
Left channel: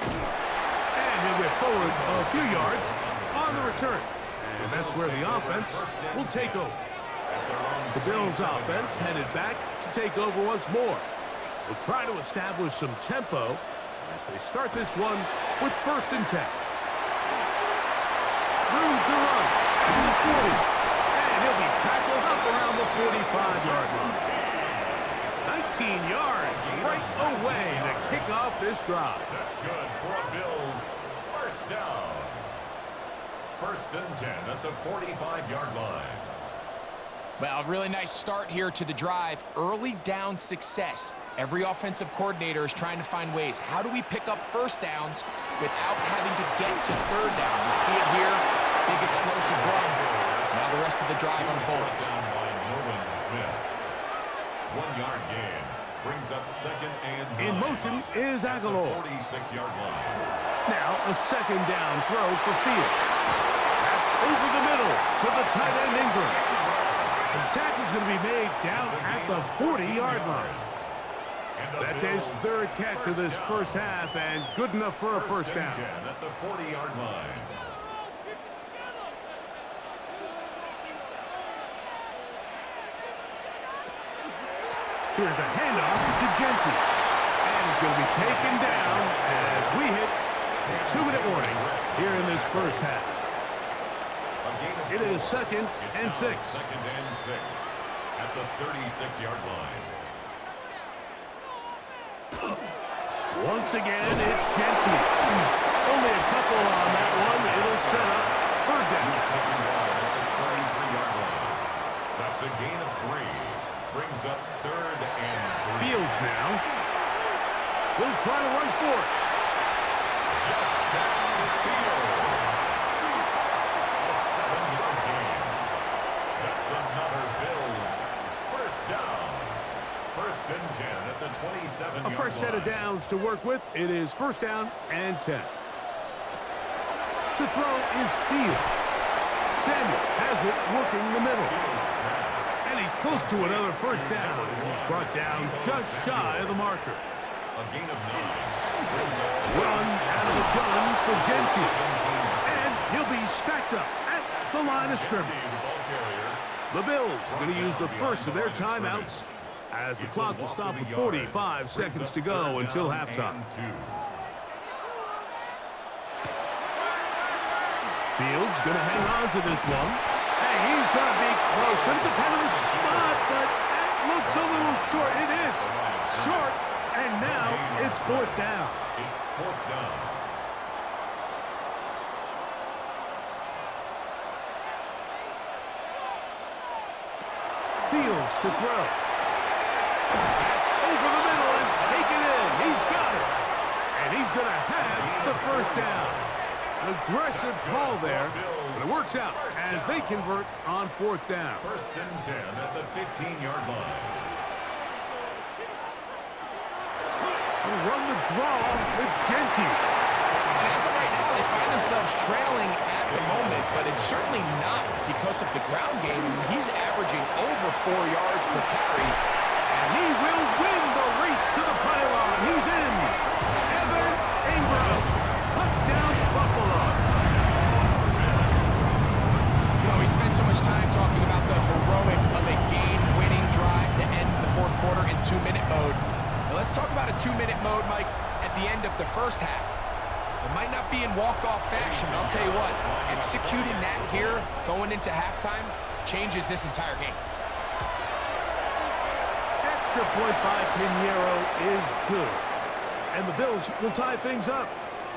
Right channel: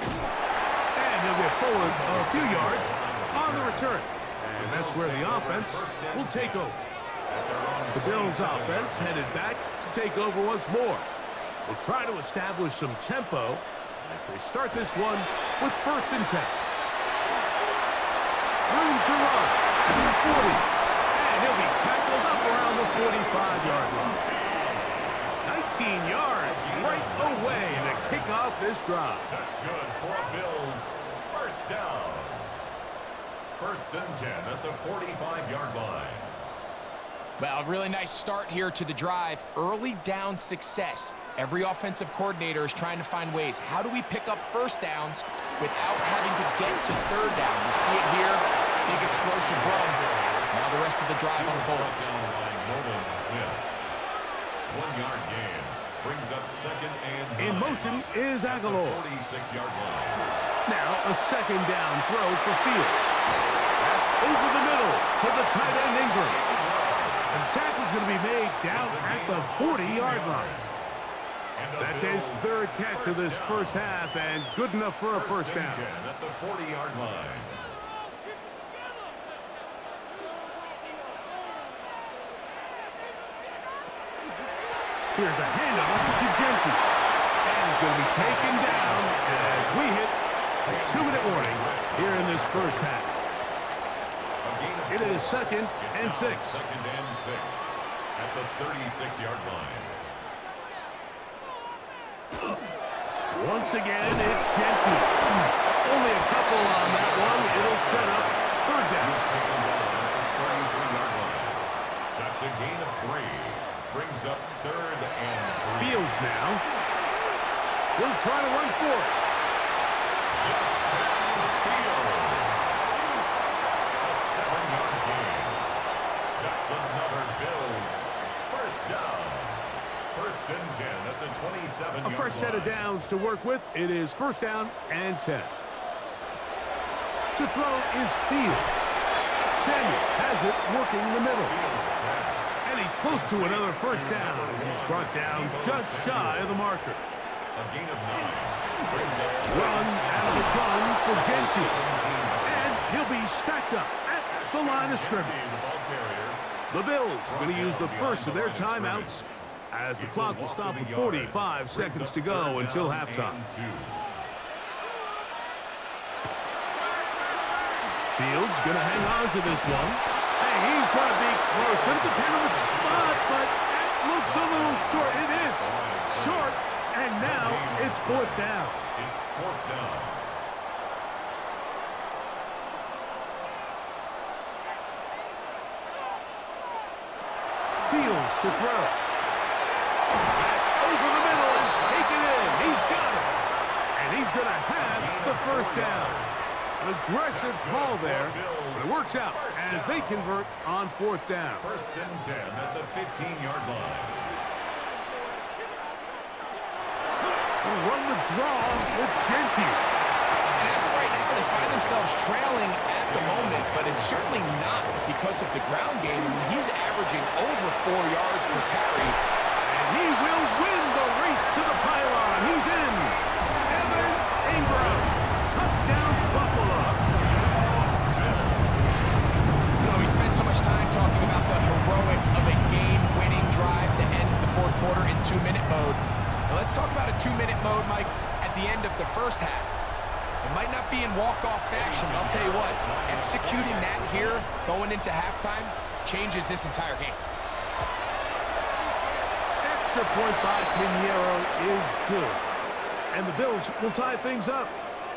And he'll get forward a few yards on the return. And that's where the offense will take over. The Bills' offense headed back to take over once more. They'll try to establish some tempo as they start this one with 1st and 10. Room to run at the 40. And he'll be tackled up around the 45-yard line. 19 yards right away to kick off this drive. That's good for a Bills 1st down. 1st and 10 at the 45-yard line. Well, a really nice start here to the drive. Early down success. Every offensive coordinator is trying to find ways. How do we pick up 1st downs without having to get to 3rd down? We see it here. Big explosive run. Now the rest of the drive unfolds. Down by Nolan Smith. 1-yard gain. Brings up 2nd and 9. In motion is Aguilar. 46-yard line. Now a 2nd down throw for Fields. That's over the middle to the tight end Ingram. And the tackle's going to be made down at the 40-yard line. That's his 3rd catch of this first half, and good enough for a 1st down. 10 at the 40-yard line. Here's a handoff to Genty. And he's going to be taken down as we hit a 2-minute warning here in this first half. It is 2nd and 6. 2nd and 6 at the 36-yard line. Once again, it's Genty. Only a couple on that one. It'll set up 3rd down. He's taken down at the 33-yard line. That's a gain of 3. Brings up 3rd and 3. Fields now. He'll try to run for it. Justin Fields. A 7-yard gain. That's another Bills 1st down. 1st and 10 at the 27-yard line. A fresh set of downs to work with. It is 1st down and 10. To throw is Fields. Samuel has it working the middle. And he's close to another 1st down as he's brought down just shy of the marker. A gain of 9. Brings up Run out of the gun for Genty. And he'll be stacked up at the line of scrimmage. The Bills going to use the first of their timeouts as the clock will stop with 45 seconds to go until halftime. Fields going to hang on to this one. Hey, he's going to be close. Going to depend on the spot, but that looks a little short. It is short, and now it's 4th down. It's 4th down. Fields to throw. That's over the middle and taken in. He's got it. And he's going to have the 1st down. An aggressive call there, but it works out as they convert on 4th down. 1st and 10 at the 15-yard line. They'll run the draw with Genty. And as of right now, they find themselves trailing at the moment, but it's certainly not because of the ground game. I mean, he's averaging over 4 yards per carry. And he will win the race to the pylon. He's in. Evan Ingram. Touchdown, Buffalo. You know, we spent so much time talking about the heroics of a game-winning drive to end the fourth quarter in 2-minute mode. Now let's talk about a 2-minute mode, Mike, at the end of the first half. It might not be in walk-off fashion, but I'll tell you what, executing that here going into halftime changes this entire game. Extra point by Pinheiro is good. And the Bills will tie things up.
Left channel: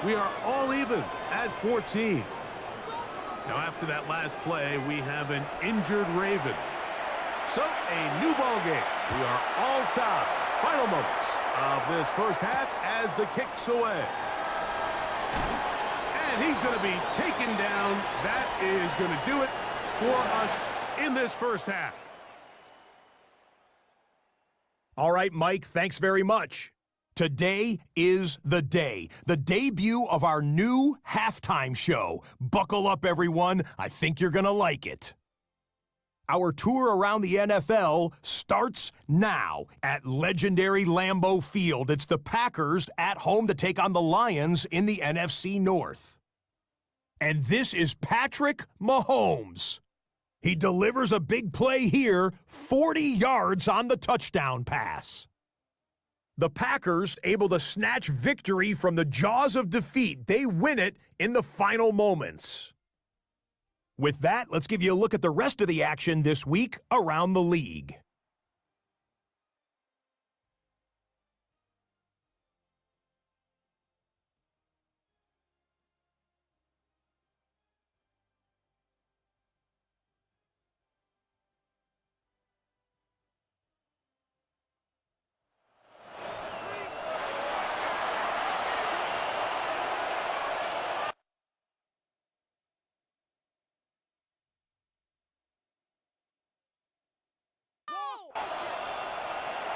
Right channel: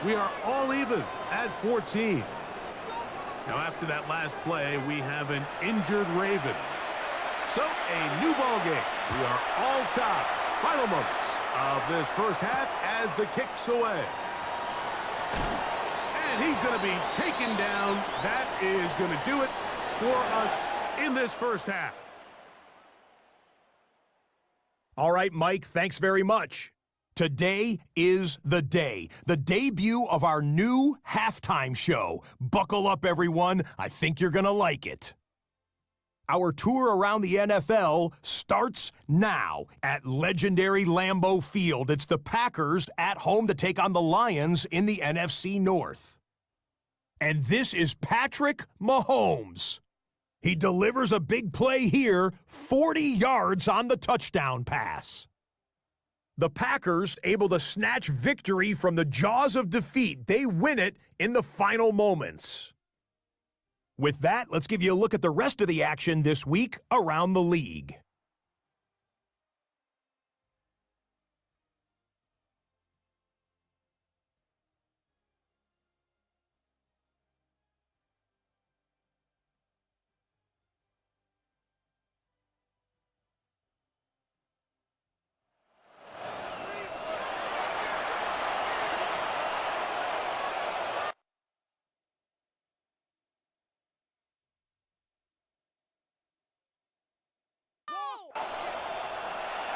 We are all even at 14. Now, after that last play, we have an injured Raven. So, a new ball game. We are all tied. Final moments of this first half as the kick's away. And he's going to be taken down. That is going to do it for us in this first half. All right, Mike, thanks very much. Today is the day, the debut of our new halftime show. Buckle up, everyone. I think you're going to like it. Our tour around the NFL starts now at legendary Lambeau Field. It's the Packers at home to take on the Lions in the NFC North. And this is Patrick Mahomes. He delivers a big play here, 40 yards on the touchdown pass. The Packers able to snatch victory from the jaws of defeat. They win it in the final moments. With that, let's give you a look at the rest of the action this week around the league.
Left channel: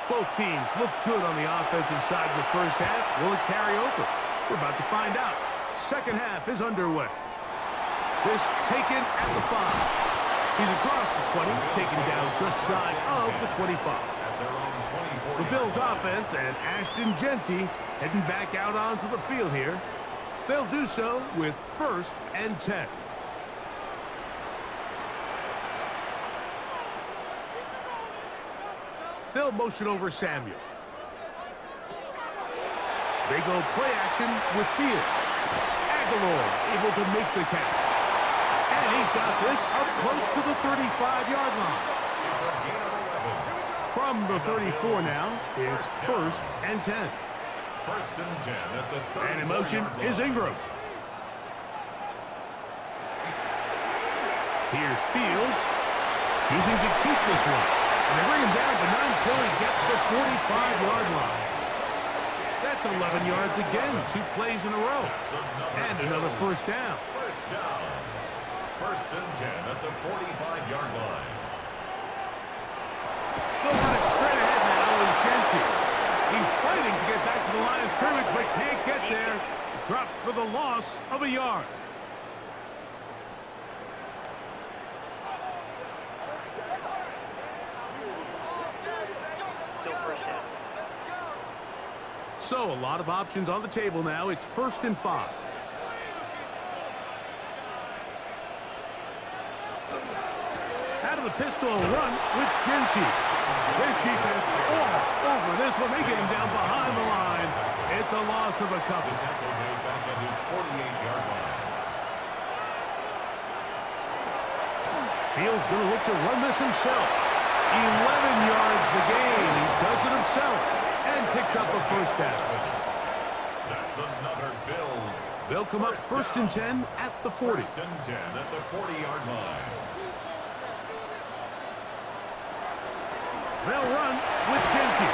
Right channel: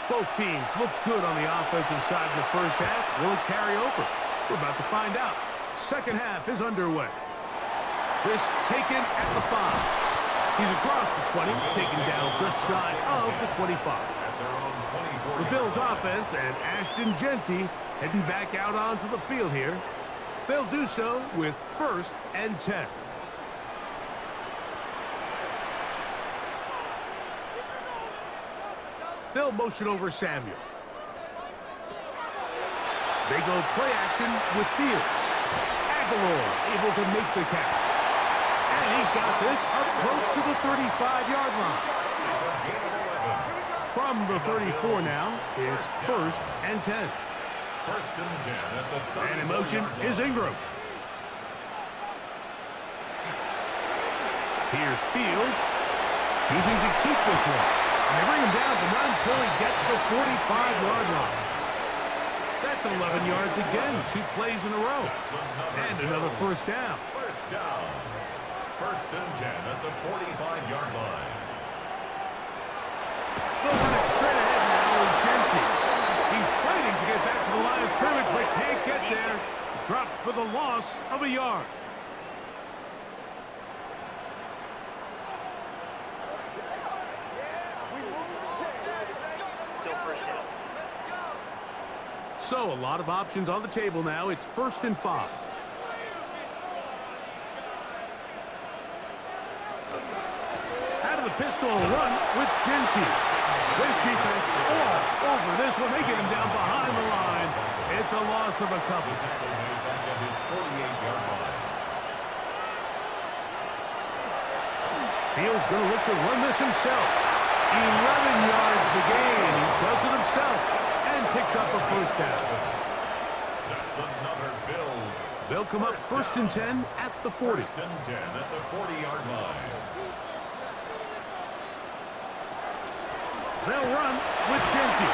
Both teams look good on the offensive side in the first half. Will it carry over? We're about to find out. Second half is underway. This taken at the 5. He's across the 20, taken down just shy of the 25. The Bills offense and Ashton Genty heading back out onto the field here. They'll do so with 1st and 10. They'll motion over Samuel. They go play action with Fields. Aguilar able to make the catch. And he's got this up close to the 35-yard line. It's a gain of 11. From the 34 now, it's 1st and 10. 1st and 10 at the 34-yard And in motion line. is Ingram. Here's Fields, choosing to keep this one. And they bring him down, but not until he gets the 45-yard line. That's 11 yards again, 2 plays in a row. And another first down. First down. 1st and 10 at the 45-yard line. They'll run it straight ahead now with Genty. He's fighting to get back to the line of scrimmage, but can't get there. Dropped for the loss of a yard. So, a lot of options on the table now. It's 1st and 5. Out of the pistol run with Genty. This defense all over this one. They get him down behind the line. It's a loss of a couple. The tackle made back at his 48-yard line. Fields going to look to run this himself. 11 yards the gain. He does it himself. And picks up a first down. That's another Bills. They'll come up 1st and 10 at the 40. 1st and 10 at the 40-yard line. They'll run with Genty.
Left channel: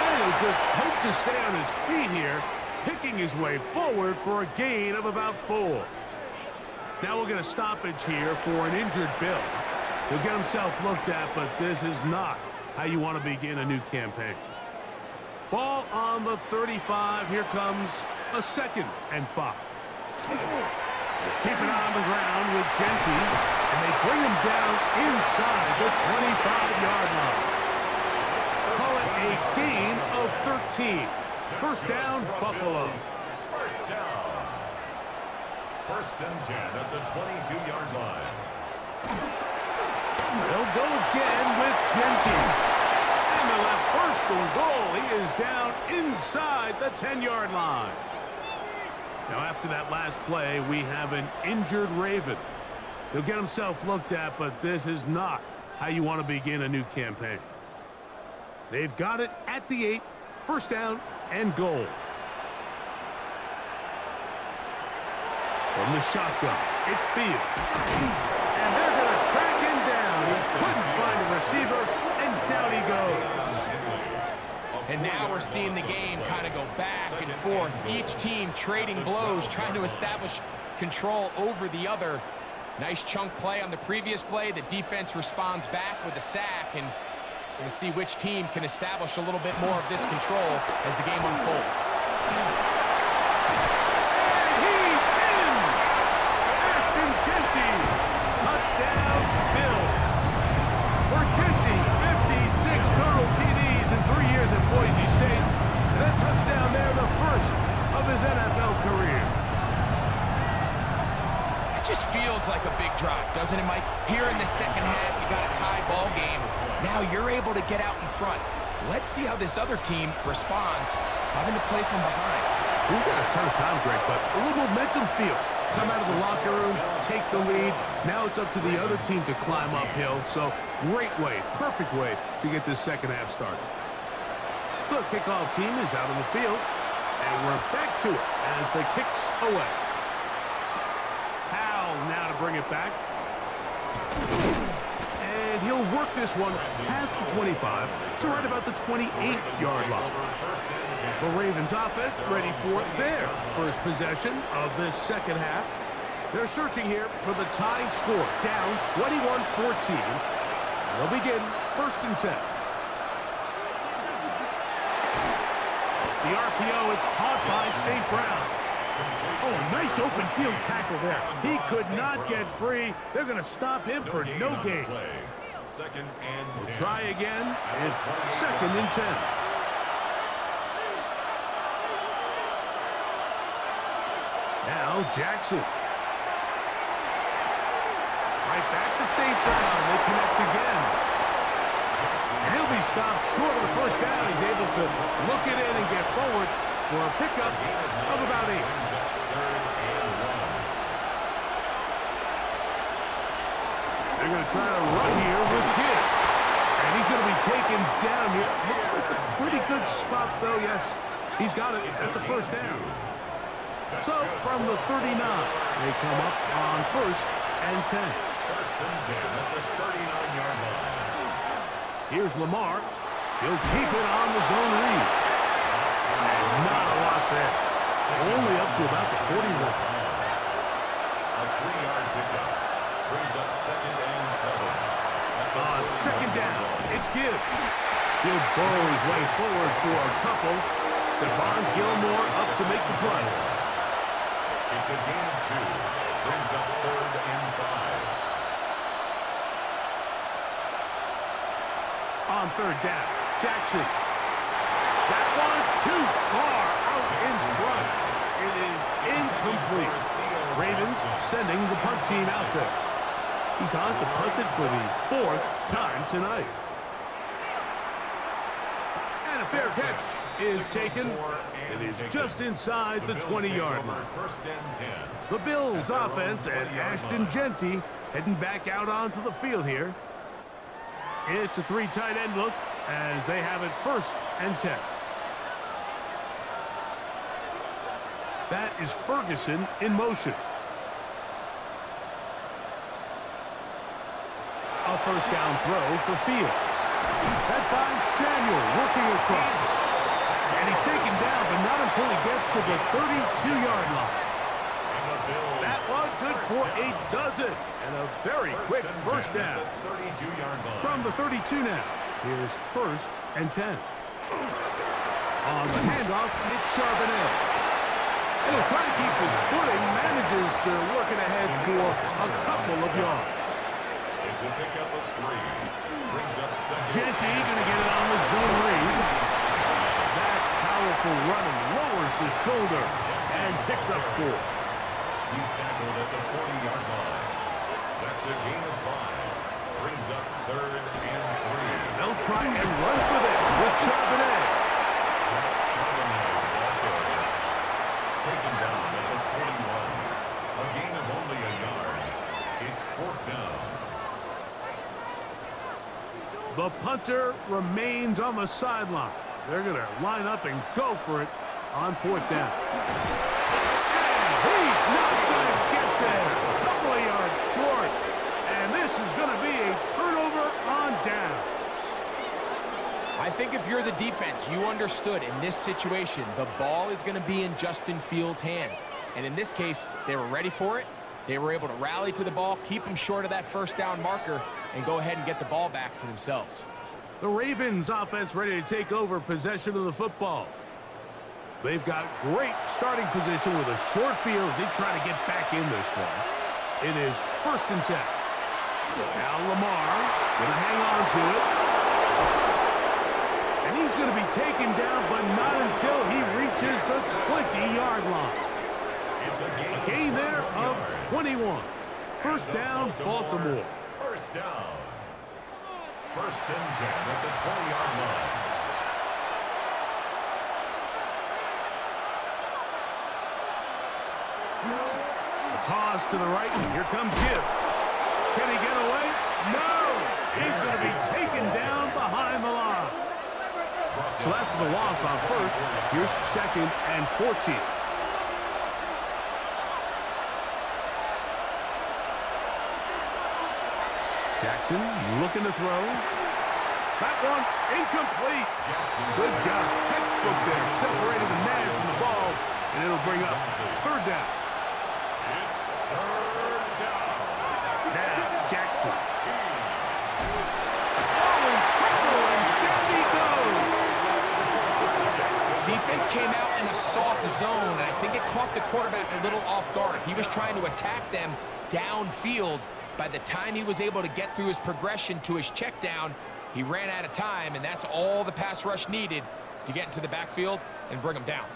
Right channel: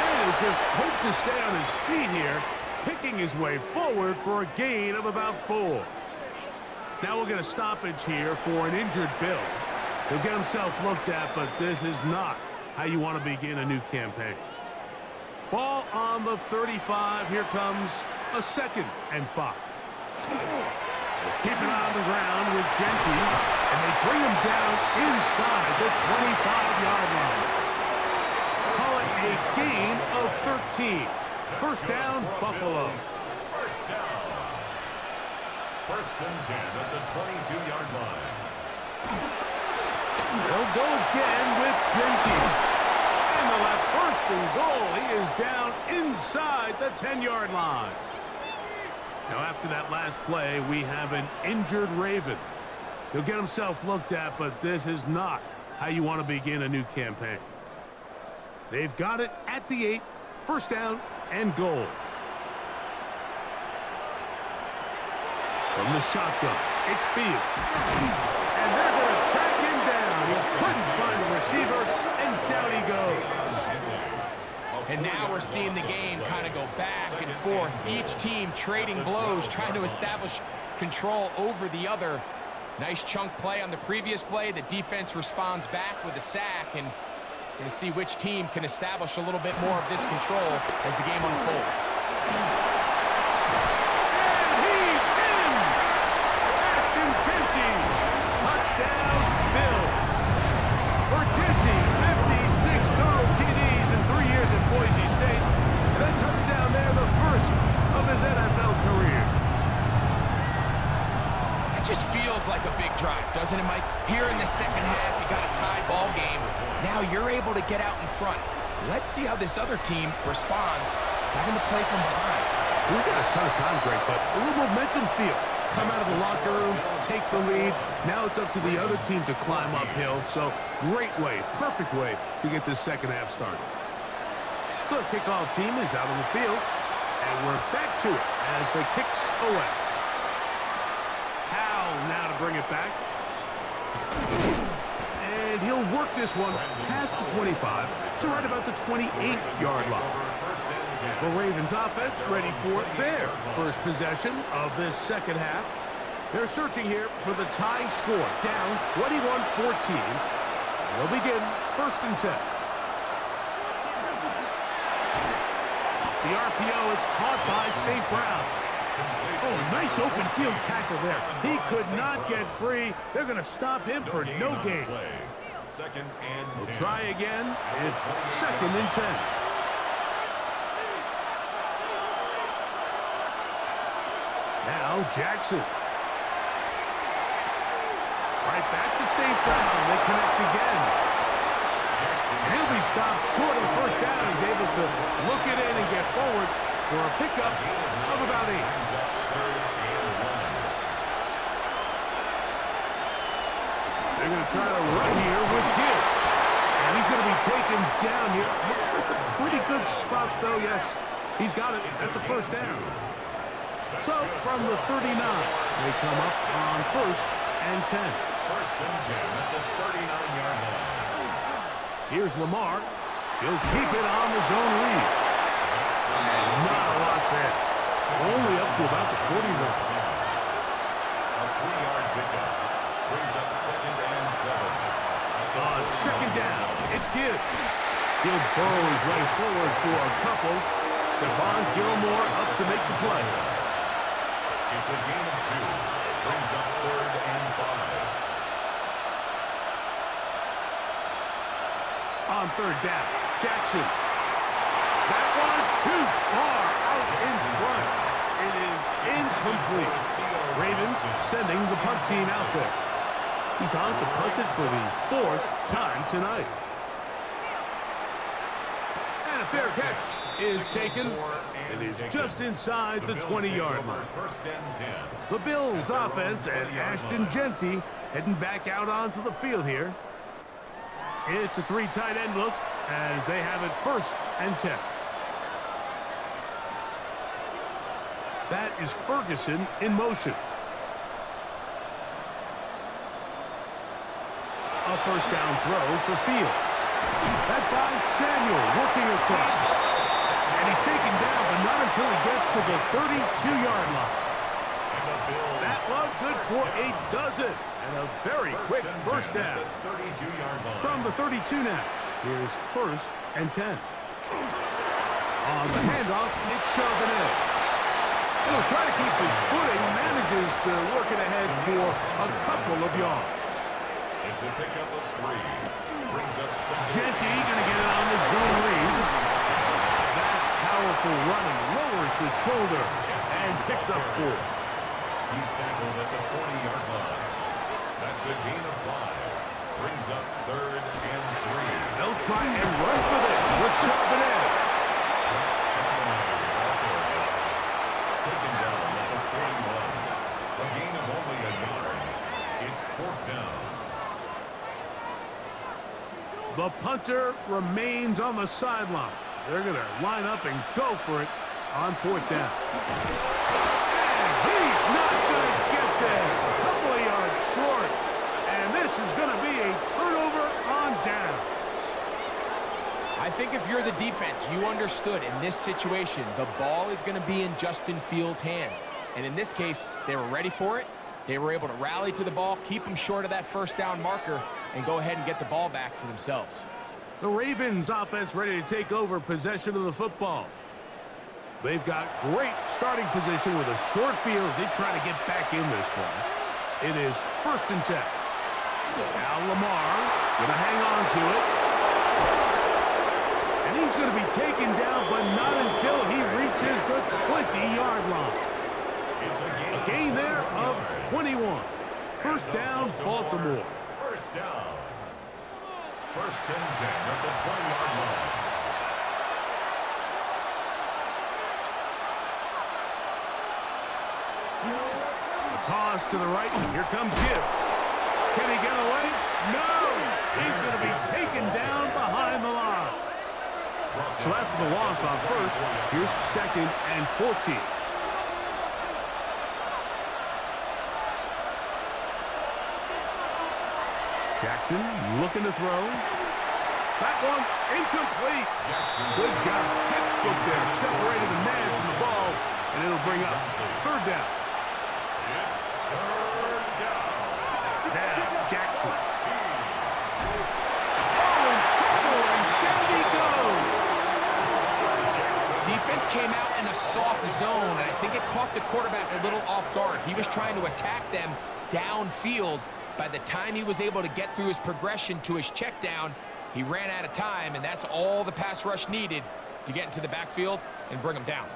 And he'll just hope to stay on his feet here, picking his way forward for a gain of about 4. Now we'll get a stoppage here for an injured Bill. He'll get himself looked at, but this is not how you want to begin a new campaign. Ball on the 35. Here comes a 2nd and 5. Keep it on the ground with Genty, and they bring him down inside the 25-yard line. Call it a gain of 13. First down, Buffalo. First down. First and 10 at the 22-yard line. They'll go again with Genty. And the left first and goal. He is down inside the 10-yard line. Now, after that last play, we have an injured Raven. He'll get himself looked at, but this is not how you want to begin a new campaign. They've got it at the 8. First down and goal. From the shotgun, it's Fields. And they're going to track him down. He couldn't find a receiver, and down he goes. And now we're seeing the game kind of go back and forth. Each team trading blows, trying to establish control over the other. Nice chunk play on the previous play. The defense responds back with a sack, and we're going to see which team can establish a little bit more of this control as the game unfolds. Touchdown, Bills. For Genty, 56 total TDs in 3 years at Boise State. And that touchdown there, the first of his NFL career. It just feels like a big drive, doesn't it, Mike? Here in the second half, you got a tie ball game. Now you're able to get out in front. Let's see how this other team responds, having to play from behind. We've got a ton of time, Greg, but a little momentum feel. Come out of the locker room, take the lead. Now it's up to the other team to climb uphill. So great way, perfect way to get this second half started. The kickoff team is out on the field, and we're back to it as the kick's away. Howell now to bring it back. And he'll work this one past the 25 to right about the 28-yard line. The Ravens offense ready for their first possession of this second half. They're searching here for the tying score, down 21-14. And they'll begin first and 10. The RPO, it's caught by St. Brown. Oh, a nice open field tackle there. He could not get free. They're going to stop him for no gain. Second and 10. We'll try again. It's second and 10. Now Jaxon. Right back to St. Brown. They connect again. And he'll be stopped short of the first down. He's able to look it in and get forward for a pickup of about 8. They're going to try to run here with Gibbs. And he's going to be taken down here. Looks like a pretty good spot, though. Yes, he's got it. That's a first down. So, from the 39, they come up on first and 10. First and 10 at the 39-yard line. Here's Lamar. He'll keep it on the zone read. And not a lot there. Only up to about the 41. A 3-yard pickup. Brings up second and 7. On second down, it's Gibbs. He'll burrow his way forward for a couple. Stephon Gilmore up to make the play. It's a gain of 2. Brings up third and 5. On third down, Jaxon. That one too far out in front. It is incomplete. Ravens sending the punt team out there. He's on to punt it for the 4th time tonight. And a fair catch is taken. It is just inside the 20-yard line. First and 10. The Bills offense and Ashton Genty heading back out onto the field here. It's a 3 tight end look as they have it first and 10. That is Ferguson in motion. A first down throw for Fields. That finds Samuel working across. And he's taken down, but not until he gets to the 32-yard line. That one good for a dozen. And a very quick first down. From the 32 now. Here's first and 10. On the handoff, it's Charbonnet. And he'll try to keep his footing, manages to work it ahead for a couple of yards. It's a pickup of 3. Brings up second. Genty going to get it on the zone read. That's powerful running. Lowers the shoulder and picks up 4. He's tackled at the 40-yard line. That's a gain of 5. Brings up 3rd and 3. They'll try and run for this with Charbonnet. Charbonnet with ball carrier. Taken down at the 41. A gain of only a yard. It's 4th down. The punter remains on the sideline. They're going to line up and go for it on 4th down. And he's not going to get there. A couple of yards short. And this is going to be a turnover on downs. I think if you're the defense, you understood in this situation, the ball is going to be in Justin Fields' hands. And in this case, they were ready for it. They were able to rally to the ball, keep them short of that 1st down marker, and go ahead and get the ball back for themselves. The Ravens offense ready to take over possession of the football. They've got great starting position with a short field as they try to get back in this one. It is 1st and 10. Now Lamar going to hang on to it. And he's going to be taken down, but not until he reaches the 20-yard line. It's a gain there of 21. 1st down, Baltimore. 1st down. 1st and 10 at the 20-yard line. A toss to the right, and here comes Gibbs. Can he get away? No! He's going to be taken down behind the line. So after the loss on 1st, here's 2nd and 14. Jaxon looking to throw. That one incomplete. Good job. Textbook there. Separated the man from the ball. And it'll bring up 3rd down. It's 3rd down. Now Jaxon. Oh, in trouble, and down he goes. Defense came out in a soft zone, and I think it caught the quarterback a little off guard. He was trying to attack them downfield. By the time he was able to get through his progression to his check down, he ran out of time, and that's all the pass rush needed to get into the backfield and bring him down.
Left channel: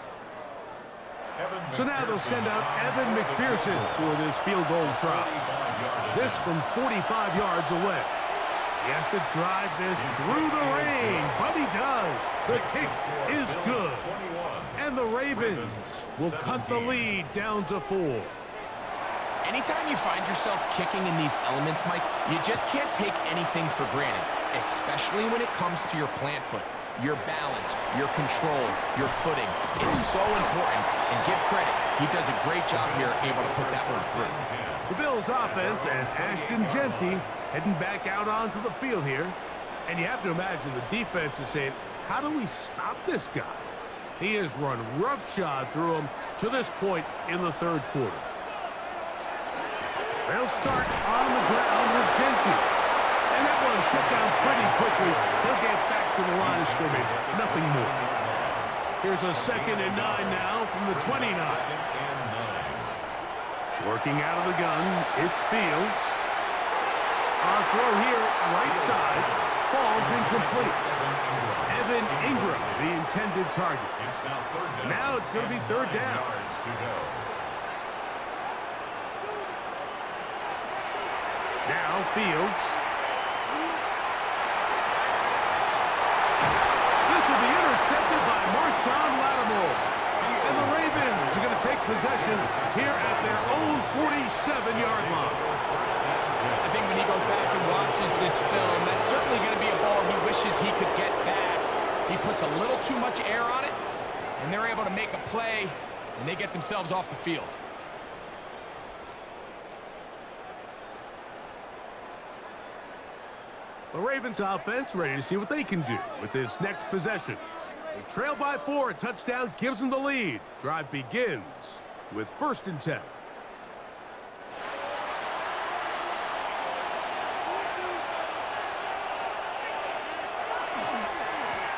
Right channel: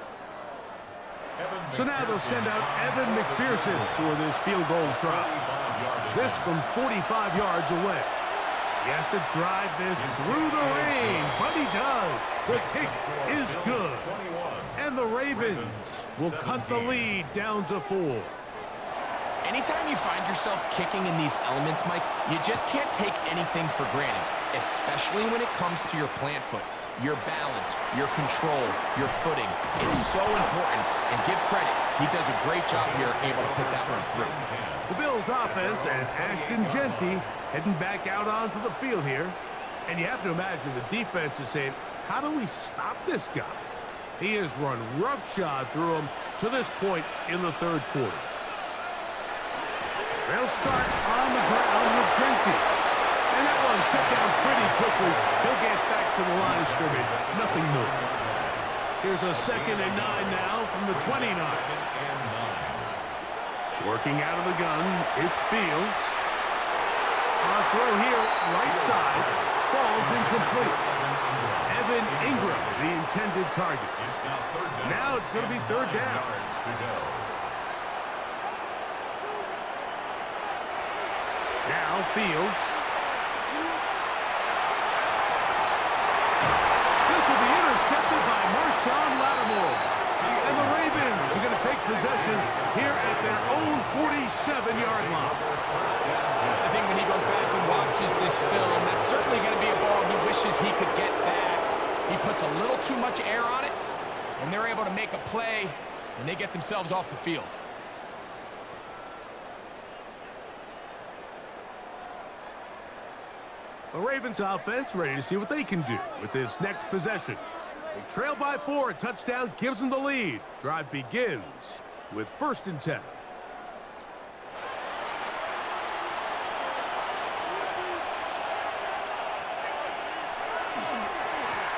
So now they'll send out Evan McPherson for this field goal try. This from 45 yards away. He has to drive this through the rain, but he does. The kick is good. And the Ravens will cut the lead down to 4. Anytime you find yourself kicking in these elements, Mike, you just can't take anything for granted, especially when it comes to your plant foot, your balance, your control, your footing. It's so important, and give credit. He does a great job here able to put that one through. The Bills offense and Ashton Genty heading back out onto the field here. And you have to imagine the defense is saying, how do we stop this guy? He has run roughshod through him to this point in the 3rd quarter. They'll start on the ground with Genty. And that one shut down pretty quickly. He'll get back to the line of scrimmage. Nothing more. Here's a 2nd and 9 now from the 29. Working out of the gun, it's Fields. On throw here, right side, falls incomplete. Evan Ingram, the intended target. Now it's going to be 3rd down. Now Fields. This will be intercepted by Marshawn Lattimore. And the Ravens are going to take possession here at their own 47-yard line. I think when he goes back and watches this film, that's certainly going to be a ball he wishes he could get back. He puts a little too much air on it, and they're able to make a play, and they get themselves off the field. The Ravens offense ready to see what they can do with this next possession. They trail by 4. A touchdown gives them the lead. Drive begins with 1st and 10.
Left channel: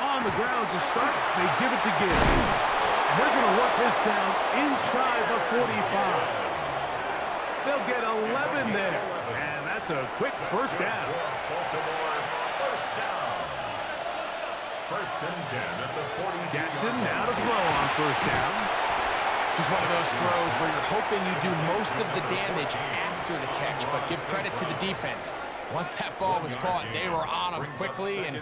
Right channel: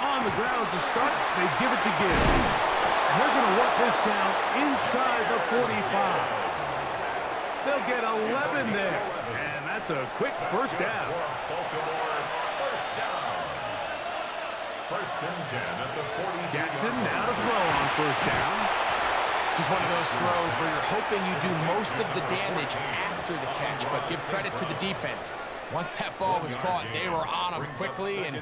On the ground to start, they give it to Gibbs. And they're going to work this down inside the 45. They'll get 11 there. And that's a quick first down. Baltimore, first down. First and 10 at the 42. Jaxon now to throw on first down. This is one of those throws where you're hoping you do most of the damage after the catch, but give credit to the defense. Once that ball was caught, they were on him quickly, and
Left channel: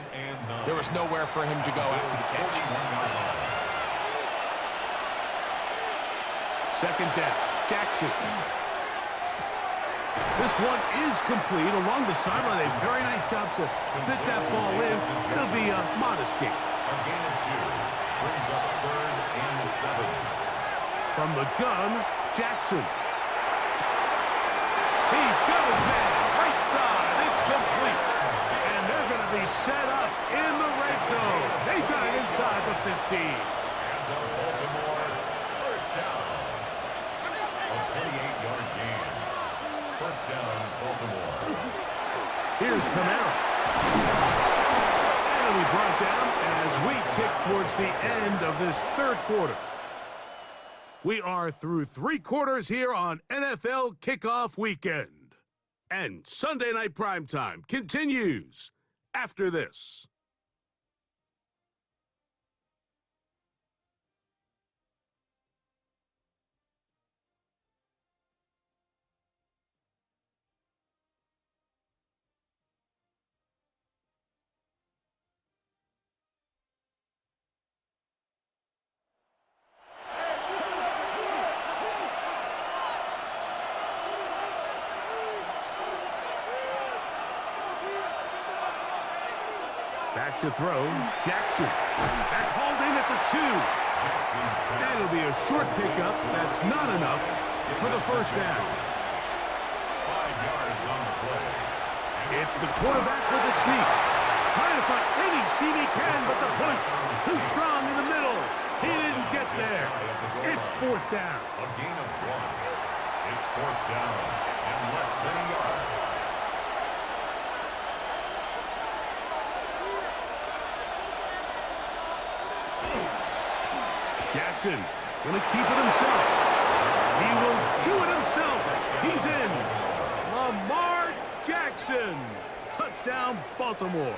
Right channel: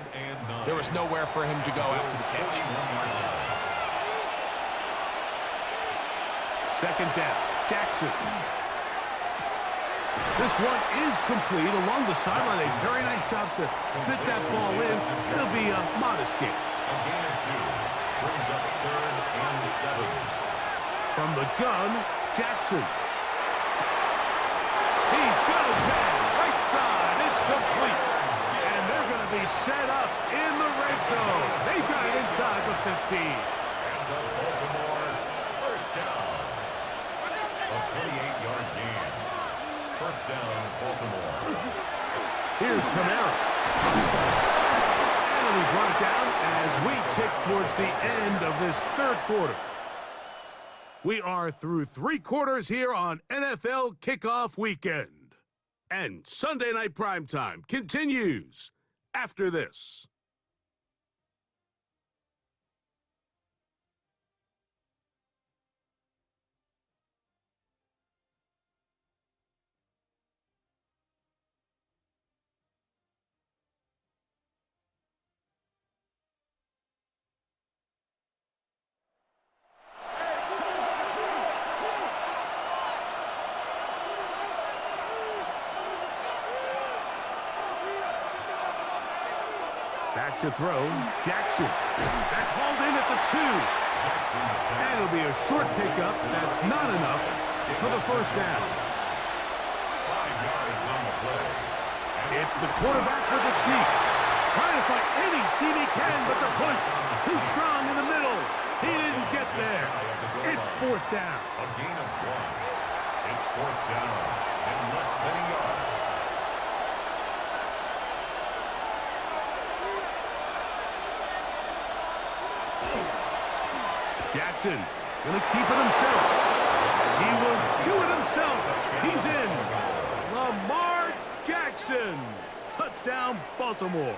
there was nowhere for him to go after the catch. Second down, Jaxon. This one is complete along the sideline. A very nice job to fit that ball in. It'll be a modest gain. A gain of 2 brings up 3rd and 7. From the gun, Jaxon. He's got his man, right side, it's complete. And they're going to be set up in the red zone. They've got it inside the 15. And the Baltimore first down. A 28-yard gain. First down, Baltimore. Here's Kamara. And it'll be brought down as we tick towards the end of this third quarter. We are through 3 quarters here on NFL Kickoff Weekend. And Sunday Night Primetime continues after this. Back to throw, Jaxon. That's hauled in at the 2. And it'll be a short pickup. That's not enough for the first down. 5 yards on the play. It's the quarterback with the sneak. Trying to find any seam he can, but the push too strong in the middle. He didn't get there. It's 4th down. A gain of 1. It's 4th down and less than a yard. Jaxon gonna keep it himself. He will do it himself. He's in. Lamar Jackson. Touchdown, Baltimore.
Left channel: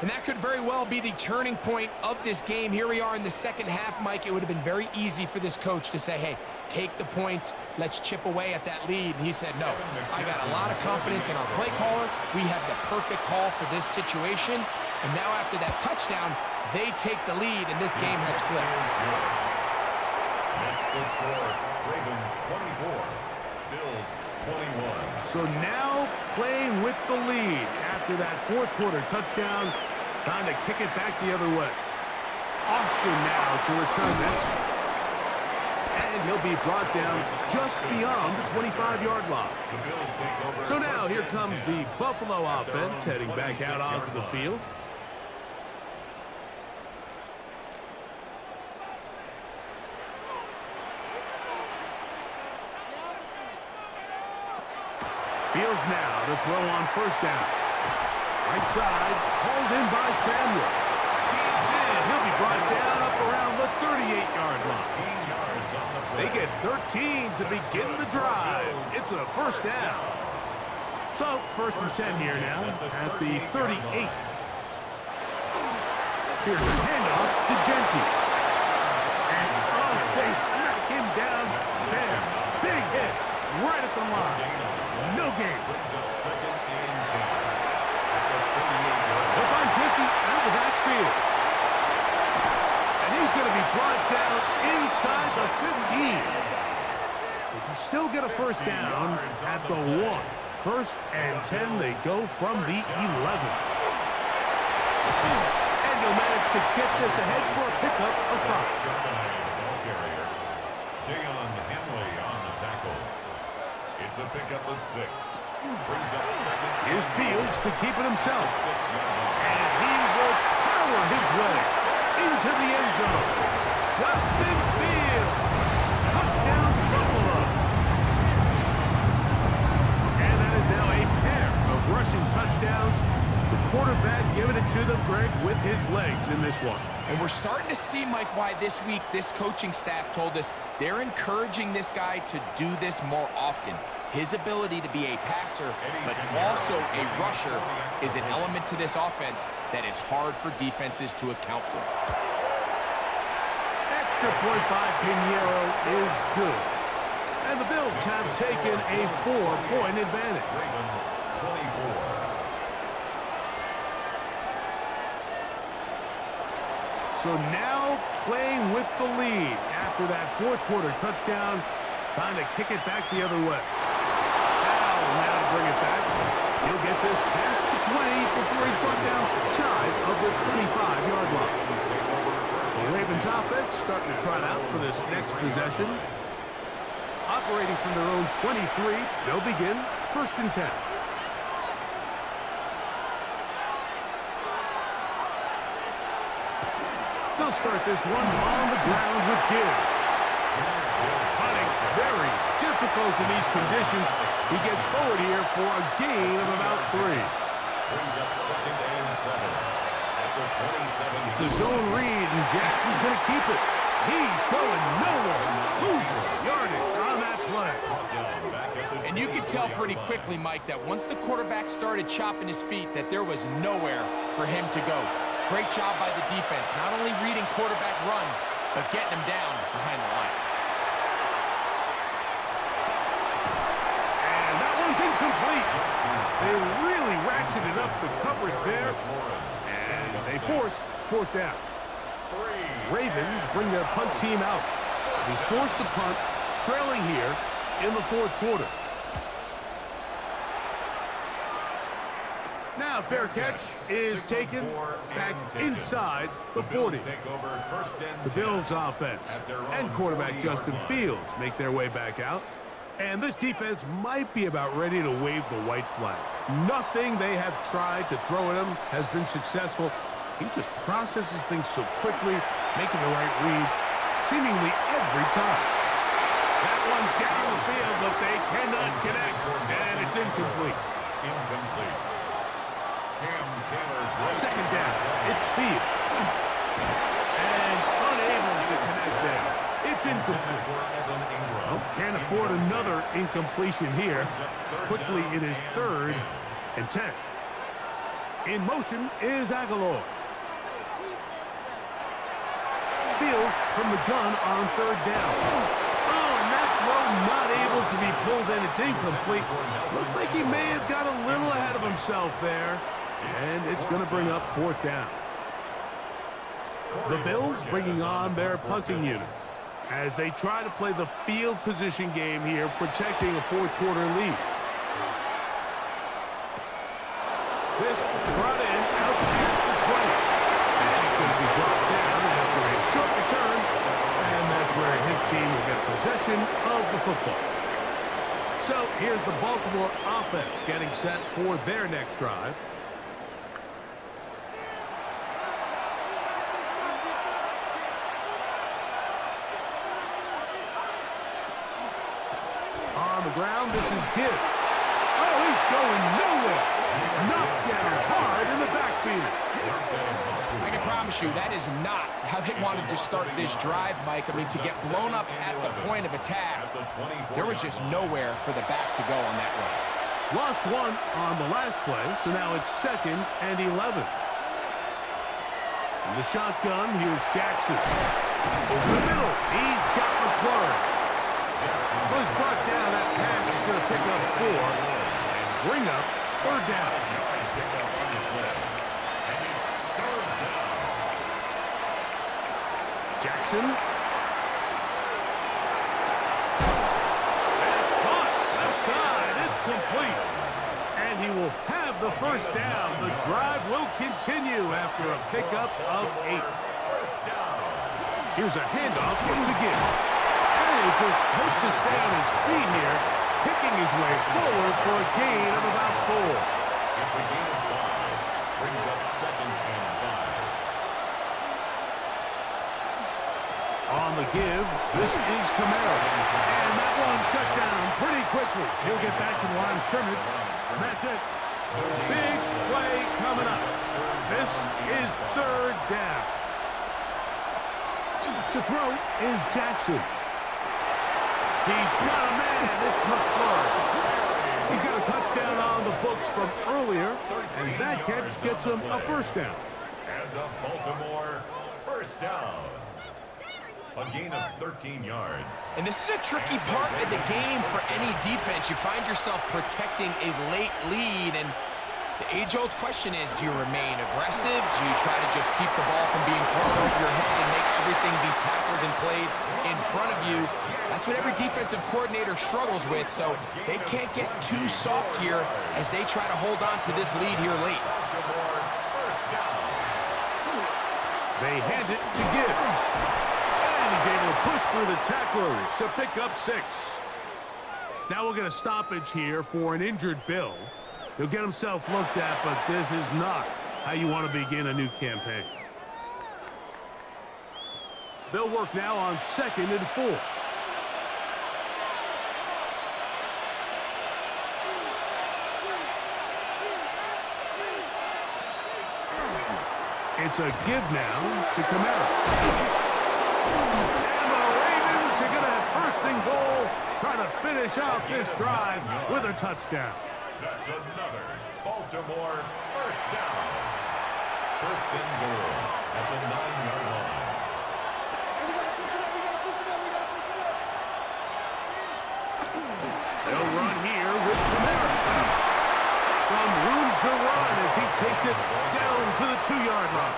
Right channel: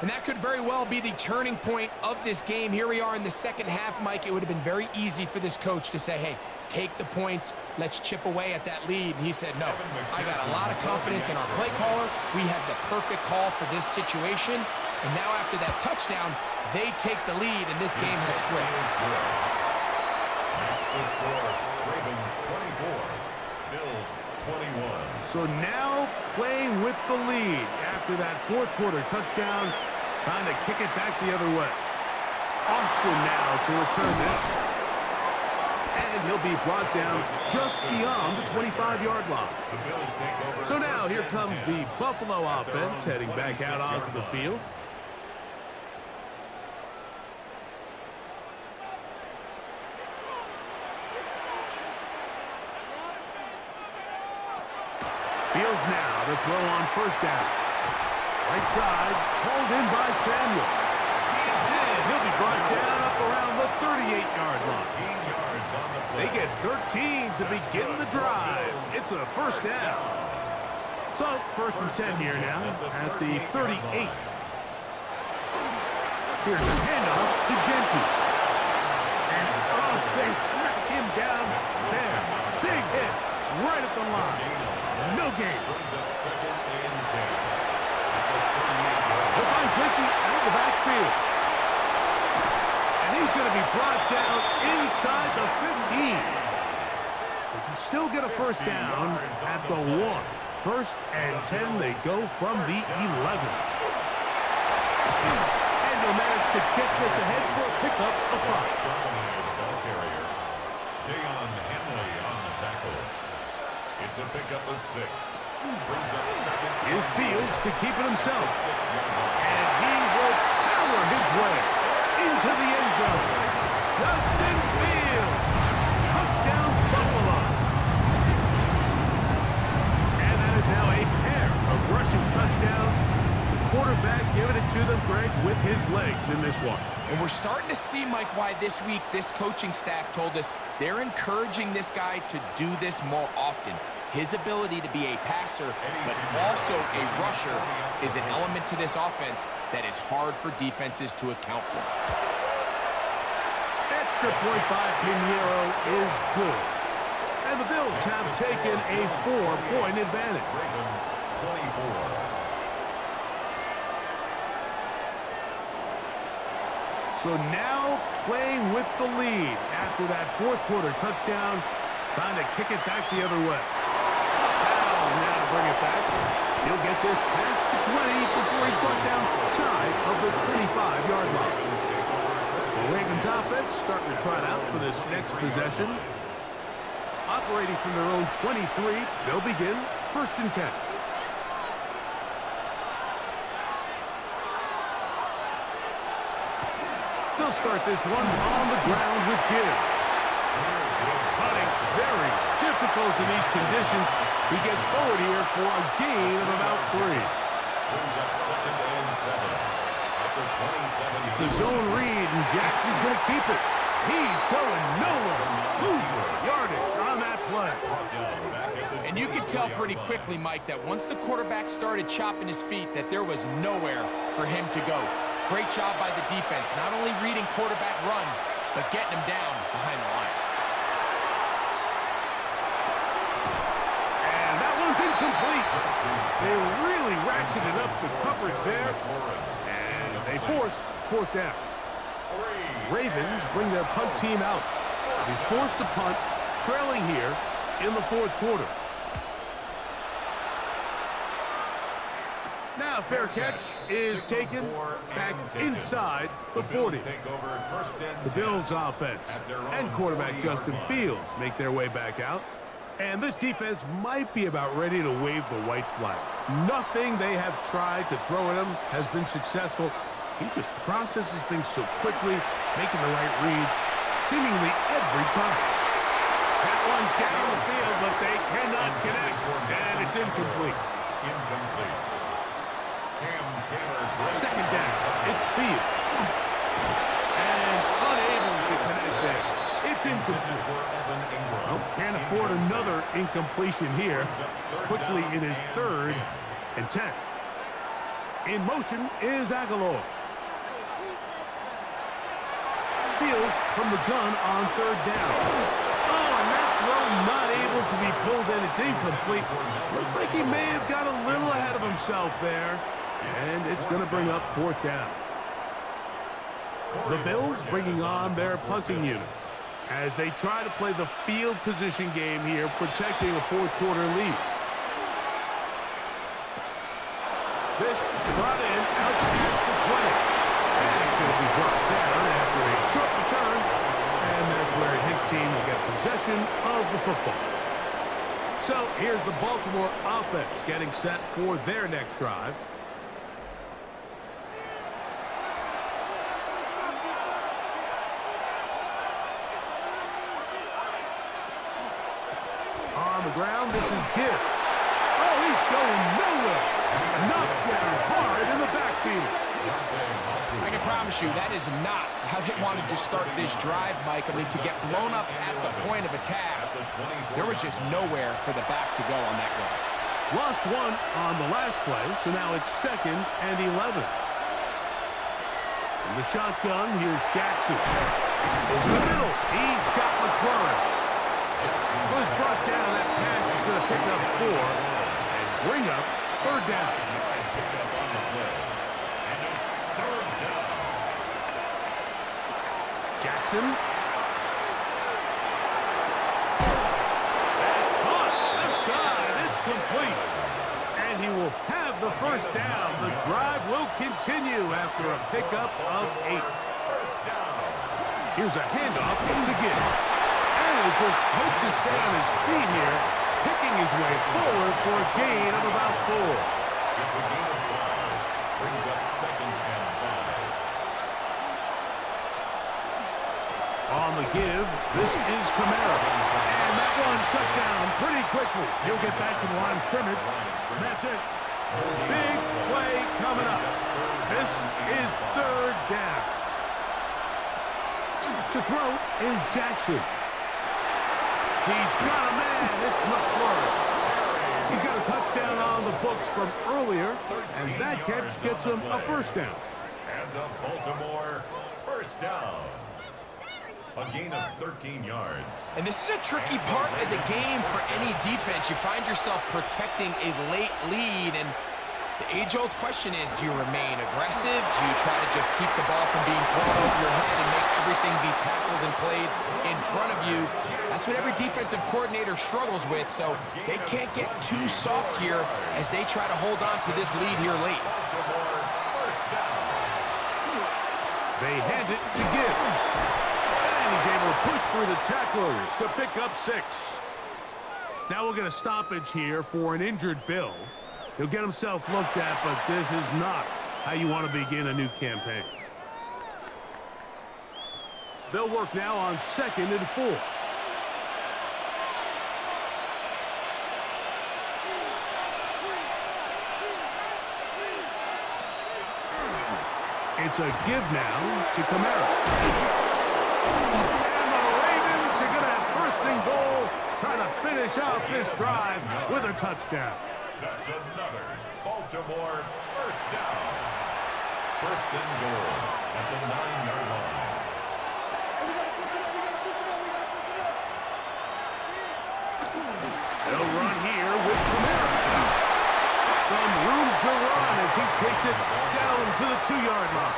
And that could very well be the turning point of this game. Here we are in the second half, Mike. It would have been very easy for this coach to say, hey, take the points. Let's chip away at that lead. And he said, no, I got a lot of confidence in our play caller. We have the perfect call for this situation. And now after that touchdown, they take the lead, and this game has flipped. Makes the score, Ravens 24, Bills 21. So now playing with the lead after that 4th quarter touchdown. Time to kick it back the other way. Austin now to return this. And he'll be brought down just beyond the 25-yard line. The Bills take over. So now here comes the Buffalo offense heading back out onto the field. Fields now to throw on first down. Right side, hauled in by Samuel. And he'll be brought down up around the 38-yard line. 13 yards on the play. They get 13 to begin the drive. It's a first down. So, first and 10 here now at the 38. Here's the handoff to Genty. And, they smack him down there. Big hit right at the line. No gain. Brings up 2nd and 10. At the 38-yard line. They'll find Genty out of the backfield. And he's going to be brought down inside the 15. They can still get a first down at the 1. 1st and 10, they go from the 11. And they'll manage to get this ahead for a pickup of 5. Charbonnet, the ball carrier. Dayon Henley on the tackle. It's a pickup of 6. Brings up 2nd. Here's Fields to keep it himself. 6-yard line. And he will power his way into the end zone. Justin Fields. Touchdown, Buffalo. And that is now a pair of rushing touchdowns. The quarterback giving it to them, Greg, with his legs in this one. And we're starting to see, Mike, why this week this coaching staff told us They're encouraging this guy to do this more often. His ability to be a passer, but also a rusher, is an element to this offense that is hard for defenses to account for. Extra point by Pinheiro is good. And the Bills have taken a 4-point advantage. Ravens 24. So now playing with the lead after that fourth quarter touchdown. Time to kick it back the other way. Powell now to bring it back. He'll get this past the 20 before he's brought down shy of the 25-yard line. The Ravens offense starting to trot out for this next possession. Operating from their own 23, they'll begin 1st and 10. They'll start this one on the ground with Gibbs. Hunting very difficult in these conditions. He gets forward here for a gain of about 3. Brings up 2nd and 7 at the 27. It's a zone read, and Jackson's going to keep it. He's going nowhere. Losing yardage on that play. And you could tell pretty quickly, Mike, that once the quarterback started chopping his feet, that there was nowhere for him to go. Great job by the defense, not only reading quarterback run, but getting him down behind the line. And that one's incomplete. They really ratcheted up the coverage there, and they force 4th down. Ravens bring their punt team out. They forced a punt, trailing here in the 4th quarter. Now fair catch is taken back inside the 40. The Bills offense and quarterback Justin Fields make their way back out. And this defense might be about ready to wave the white flag. Nothing they have tried to throw at him has been successful. He just processes things so quickly, making the right read seemingly every time. That one down the field, but they cannot connect, and it's incomplete. Second down, it's Fields. And unable to connect there. It's incomplete. Well, can't afford another incompletion here. Quickly, it is 3rd and 10. In motion is Aguilar. Fields from the gun on 3rd down. Oh, and that throw not able to be pulled in. It's incomplete. Looked like he may have got a little ahead of himself there. And it's going to bring up 4th down. The Bills bringing on their punting unit as they try to play the field position game here, protecting a 4th quarter lead. This brought in out past the 20. And he's going to be brought down after a short return. And that's where his team will get possession of the football. So here's the Baltimore offense getting set for their next drive. On the ground, this is Gibbs. Oh, he's going nowhere. Knocked down hard in the backfield. I can promise you that is not how they wanted to start this drive, Mike. I mean, to get blown up at the point of attack, there was just nowhere for the back to go on that run. Lost one on the last play, so now it's 2nd and 11. From the shotgun, here's Jaxon. Over the middle, he's got McLaurin. Was brought down. That pass is going to pick up 4 and bring up 3rd down. Jaxon. That's caught. Left side. It's complete. And he will have the 1st down. The drive will continue after a pickup of 8. Here's a handoff to Gibbs. And he'll just hope to stay on his feet here, picking his way forward for a gain of about 4. It's a gain of 5. Brings up 2nd and 5. On the give, this is Kamara. And that one shut down pretty quickly. He'll get back to the line of scrimmage. And that's it. Big play coming up. This is 3rd down. To throw is Jaxon. He's got a man. It's McClure. He's got a touchdown on the books from earlier, and that catch gets him a first down. And a Baltimore first down. A gain of 13 yards. And this is a tricky part of the game for any defense. You find yourself protecting a late lead, and the age-old question is, do you remain aggressive? Do you try to just keep the ball from being thrown over your head and make everything be tackled and played in front of you? That's what every defensive coordinator struggles with, so they can't get too soft here as they try to hold on to this lead here late. They hand it to Gibbs. And he's able to push through the tacklers to pick up 6. Now we'll get a stoppage here for an injured Bill. He'll get himself looked at, but this is not how you want to begin a new campaign. They'll work now on 2nd and 4. It's a give now to Kamara. And the Ravens are going to have 1st and goal, trying to finish off this drive with a touchdown. That's another Baltimore first down. 1st and goal at the 9-yard line. They'll run here with Kamara. Some room to run as he takes it down to the 2-yard line.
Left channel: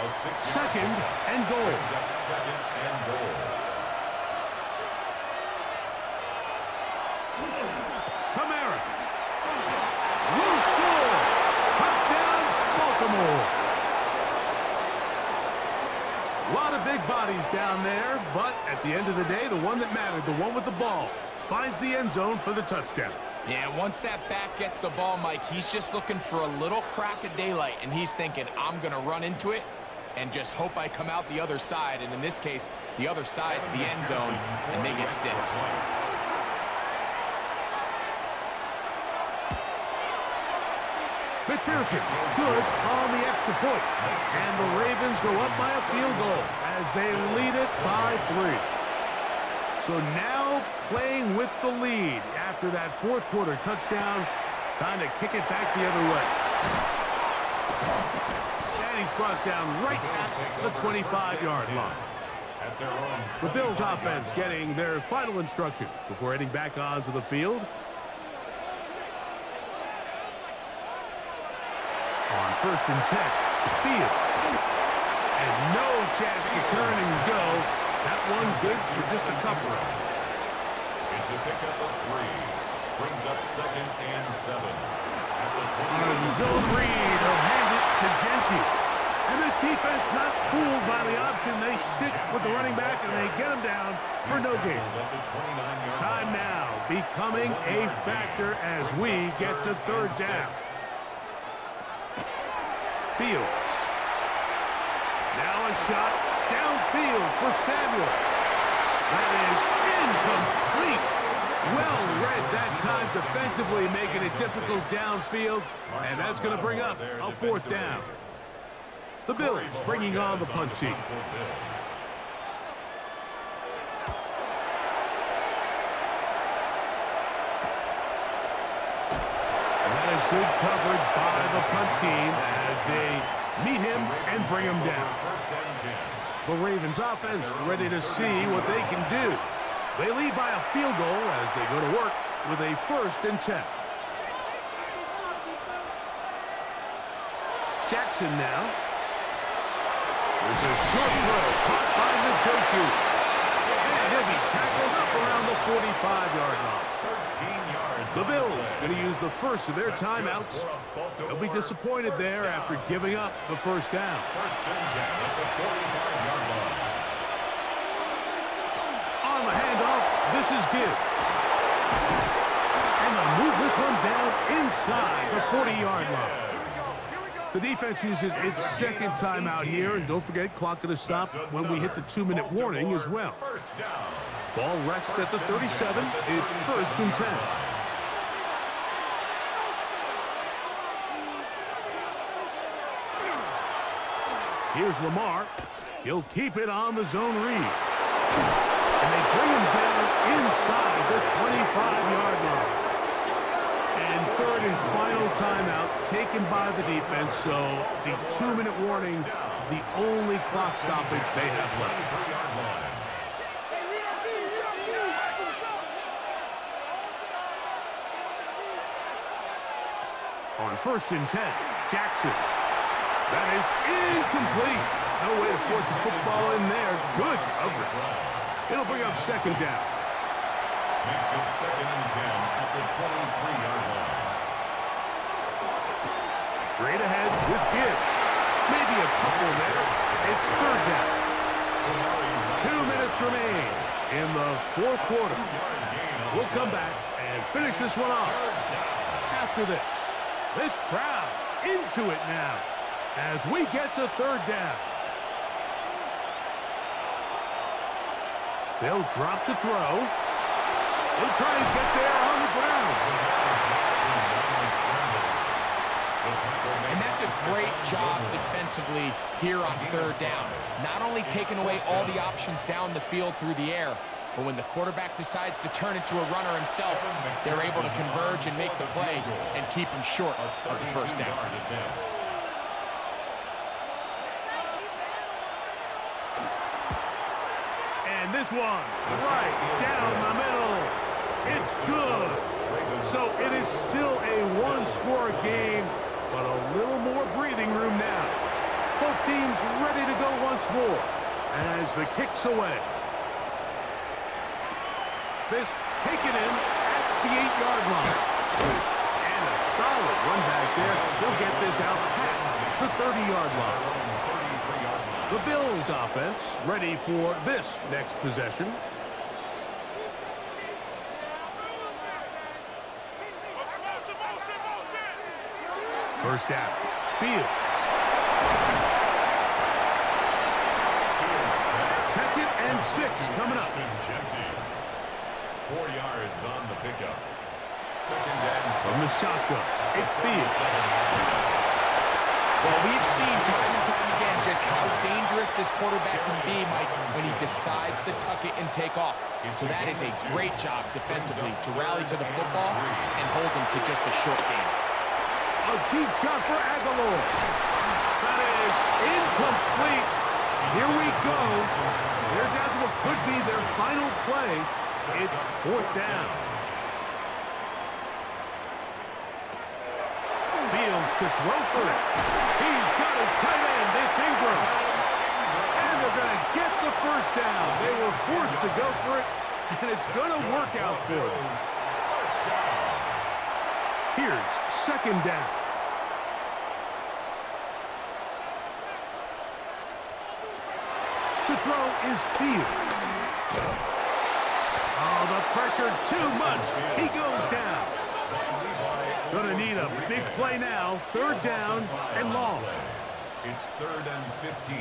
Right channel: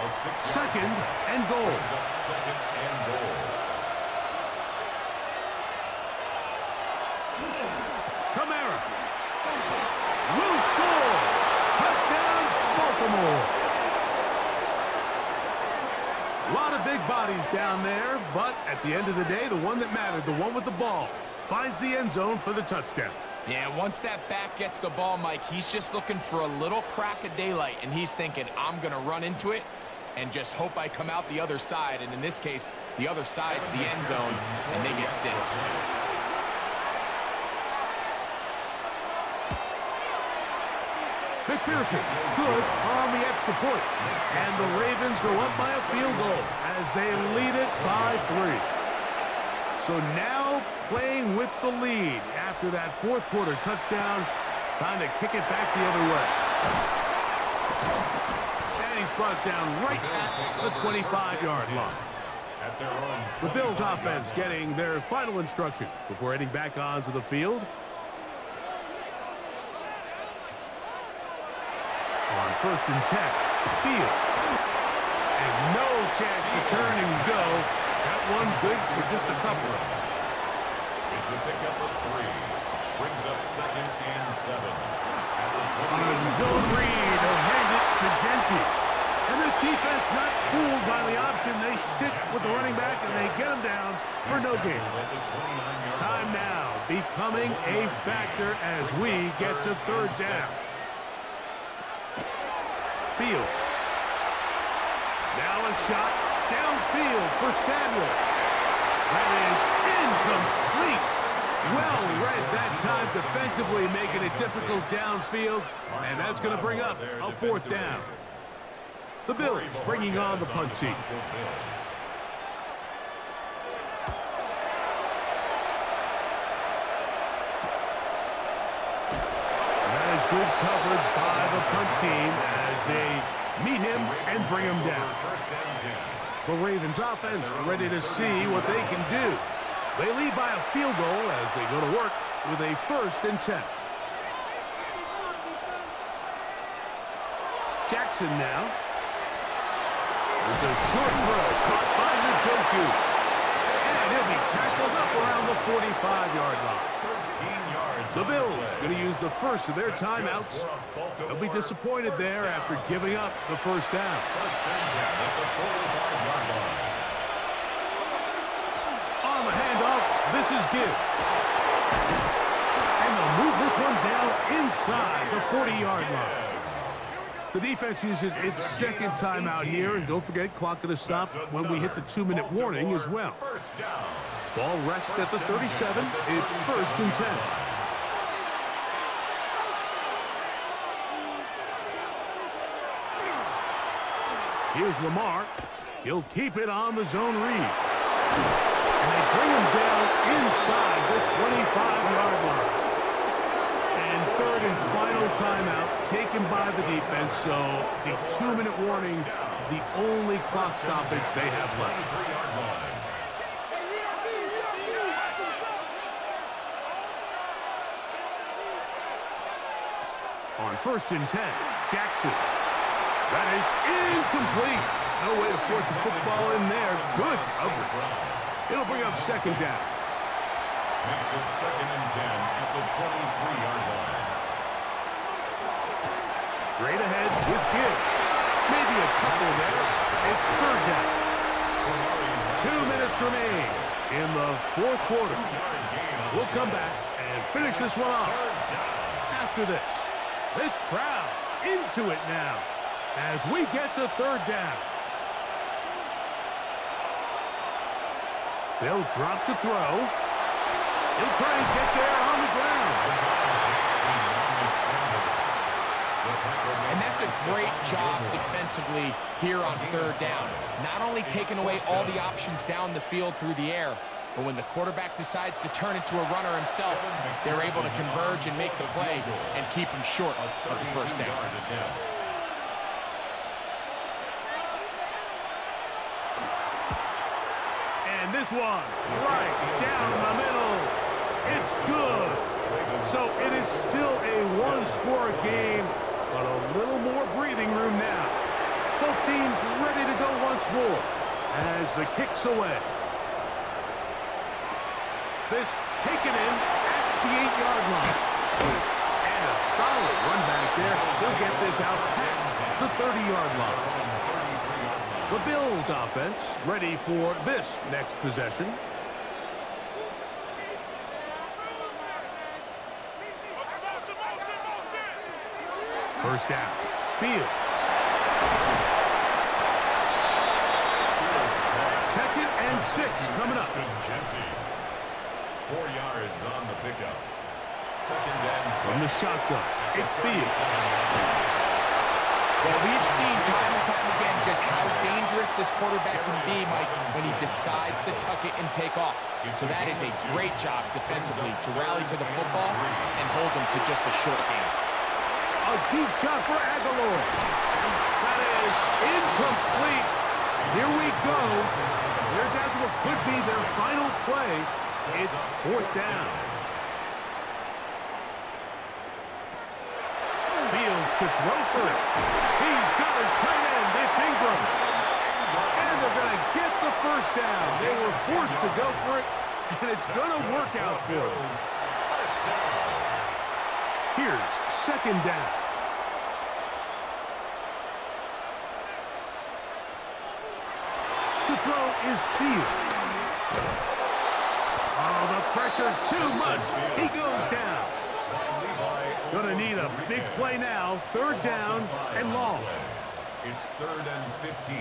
A 2nd and goal. 2nd and goal. Kamara will score. Touchdown, Baltimore. A lot of big bodies down there, but at the end of the day, the one that mattered, the one with the ball, finds the end zone for the touchdown. Yeah, once that back gets the ball, Mike, he's just looking for a little crack of daylight, and he's thinking, I'm going to run into it and just hope I come out the other side. And in this case, the other side's the end zone, and they get 6. McPherson, good on the extra point. And the Ravens go up by a field goal as they lead it by 3. So now playing with the lead after that 4th quarter touchdown, time to kick it back the other way. And he's brought down right at the 25-yard line. The Bills offense getting their final instructions before heading back onto the field. On 1st and 10, Fields. And no chance to turn and go. That one good for just a couple. It's a pickup of 3. Brings up 2nd and 7. At the 20. On a zone read, they'll hand it to Genty. And this defense not fooled by the option. They stick with the running back and they get him down for no gain. Time now becoming a factor as we get to 3rd down. Fields. Now a shot downfield for Samuel. That is incomplete. Well read that time defensively, making it difficult downfield. And that's going to bring up a 4th down. The Bills bringing on the punt team. And that is good coverage by the punt team as they meet him and bring him down. The Ravens offense ready to see what they can do. They lead by a field goal as they go to work with a 1st and 10. Jaxon now. There's a short throw caught by Njoku. And he'll be tackled up around the 45-yard line. 13 yards. The Bills going to use the first of their timeouts. They'll be disappointed there after giving up the 1st down. 1st and 10 at the 45-yard line. On the handoff, this is Gibbs. And they'll move this one down inside the 40-yard line. The defense uses its 2nd timeout here, and don't forget, clock going to stop when we hit the 2-minute warning as well. Ball rests at the 37. It's 1st and 10. Here's Lamar. He'll keep it on the zone read. And they bring him down inside the 25-yard line. And third and final timeout taken by the defense. So the 2-minute warning, the only clock stoppage they have left. On 1st and 10, Jaxon. That is incomplete. No way to force the football in there. Good coverage. It'll bring up 2nd down. Makes it 2nd and 10 at the 23-yard line. Straight ahead with Gibbs. Maybe a couple there. It's 3rd down. 2 minutes remain in the 4th quarter. We'll come back and finish this one off. After this crowd into it now as we get to 3rd down. They'll drop to throw. He'll try and get there on the ground. And that's a great job defensively here on 3rd down. Not only taking away all the options down the field through the air, but when the quarterback decides to turn into a runner himself, they're able to converge and make the play and keep him short of the 1st down. And this one, right down the middle. It's good. So it is still a one-score game, but a little more breathing room now. Both teams ready to go once more as the kick's away. This taken in at the 8-yard line. And a solid run back there. He'll get this out past the 30-yard line. The Bills offense ready for this next possession. First down. Fields. 2nd and 6 coming up. 4 yards on the pickup. 2nd and 6. From the shotgun, it's Fields. Well, we've seen time and time again just how dangerous this quarterback can be, Mike, when he decides to tuck it and take off. So that is a great job defensively to rally to the football and hold him to just a short game. A deep shot for Aguilar. That is incomplete. Here we go. They're down to what could be their final play. It's 4th down. Fields to throw for it. He's got his tight end. It's Ingram. And they're going to get the 1st down. They were forced to go for it, and it's going to work out for them. Here's 2nd down. To throw is Fields. Oh, the pressure too much. He goes down. Gonna need a big play now. 3rd down and long. It's 3rd and 15.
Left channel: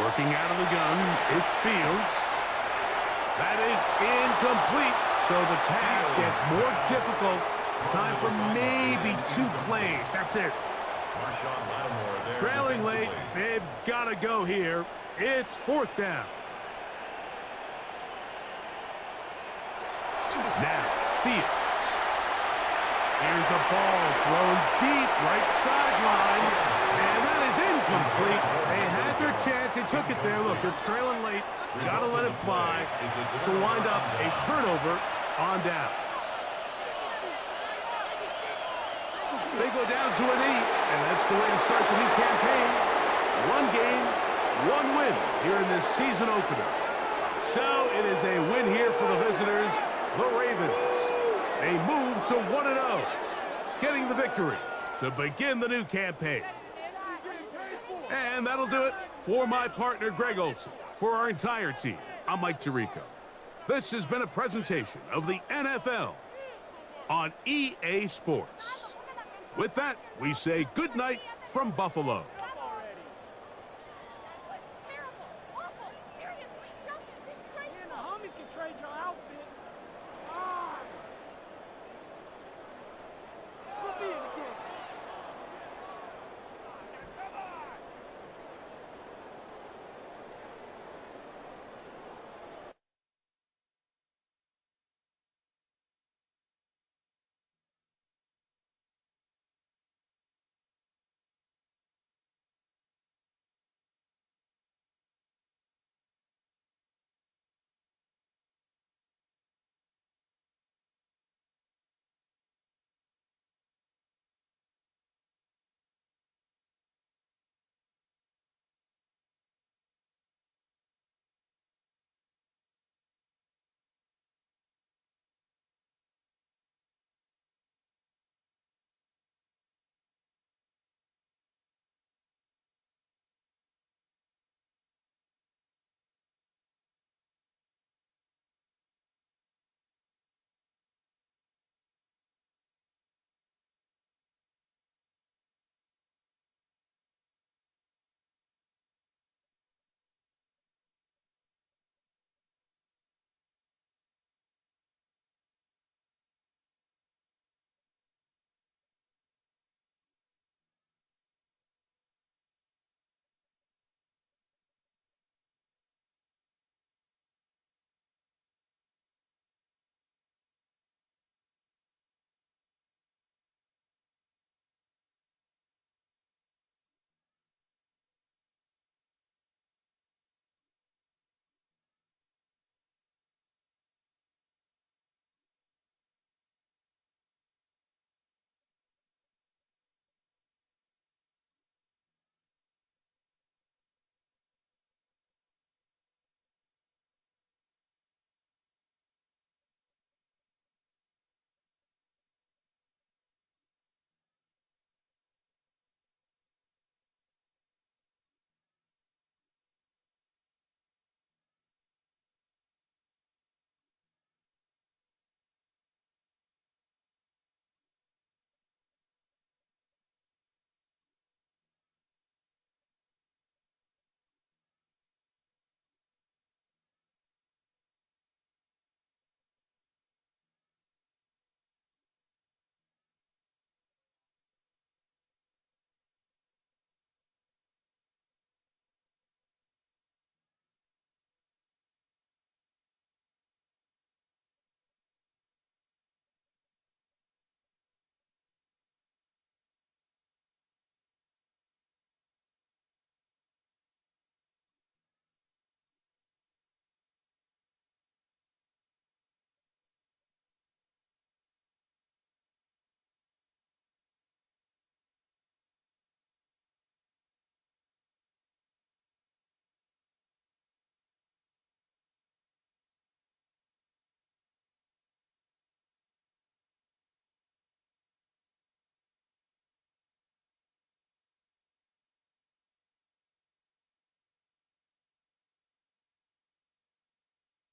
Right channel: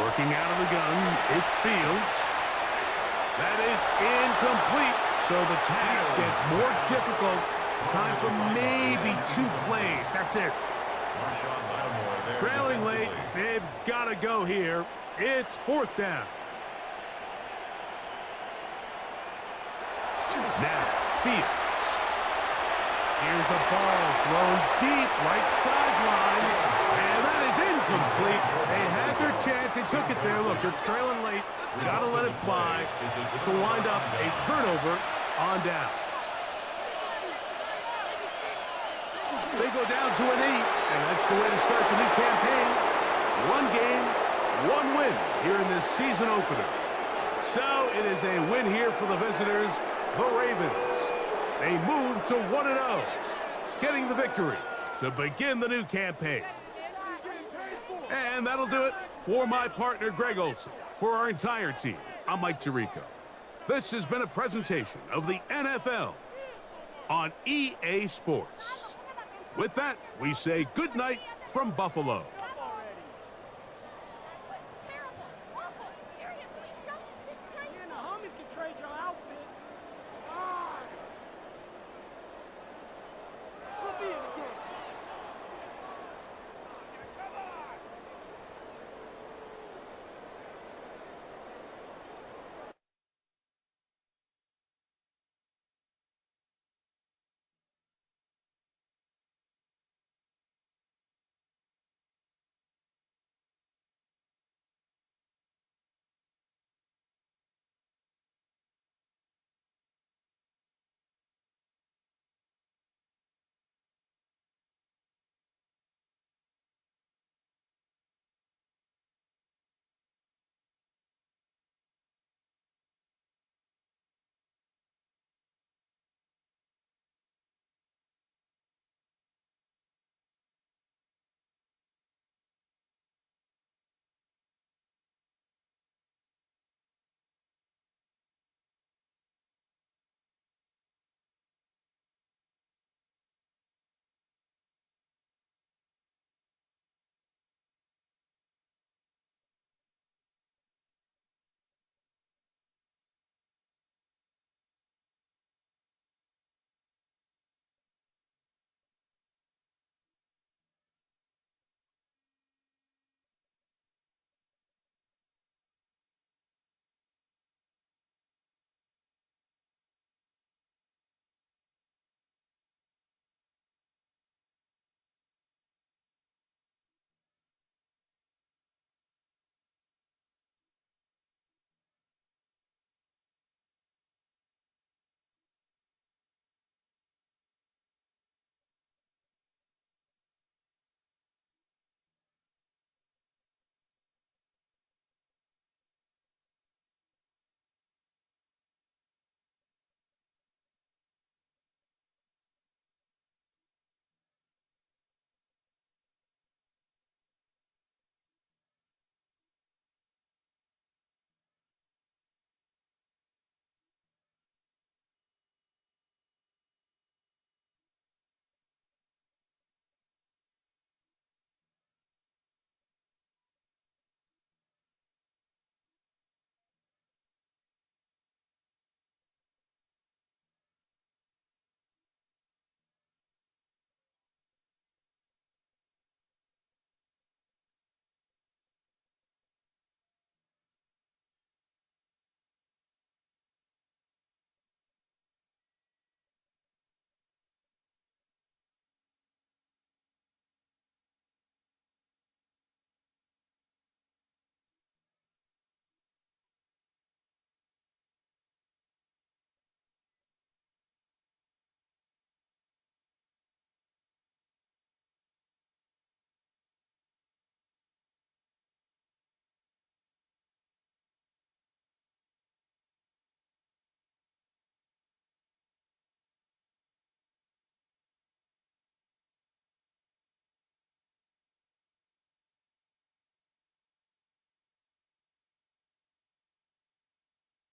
Working out of the gun, it's Fields. That is incomplete, so the task gets more difficult. Time for maybe 2 plays. That's it. Trailing late, they've got to go here. It's 4th down. Now, Fields. Here's a ball thrown deep right sideline, and that is incomplete. They had their chance. They took it there. Look, they're trailing late. Got to let it fly. This will wind up a turnover on downs. They go down to an 8, and that's the way to start the new campaign. 1 game, 1 win here in this season opener. So it is a win here for the visitors, the Ravens. They move to 1-0, getting the victory to begin the new campaign. And that'll do it for my partner, Greg Olson. For our entire team, I'm Mike Tirico. This has been a presentation of the NFL on EA Sports. With that, we say good night from Buffalo.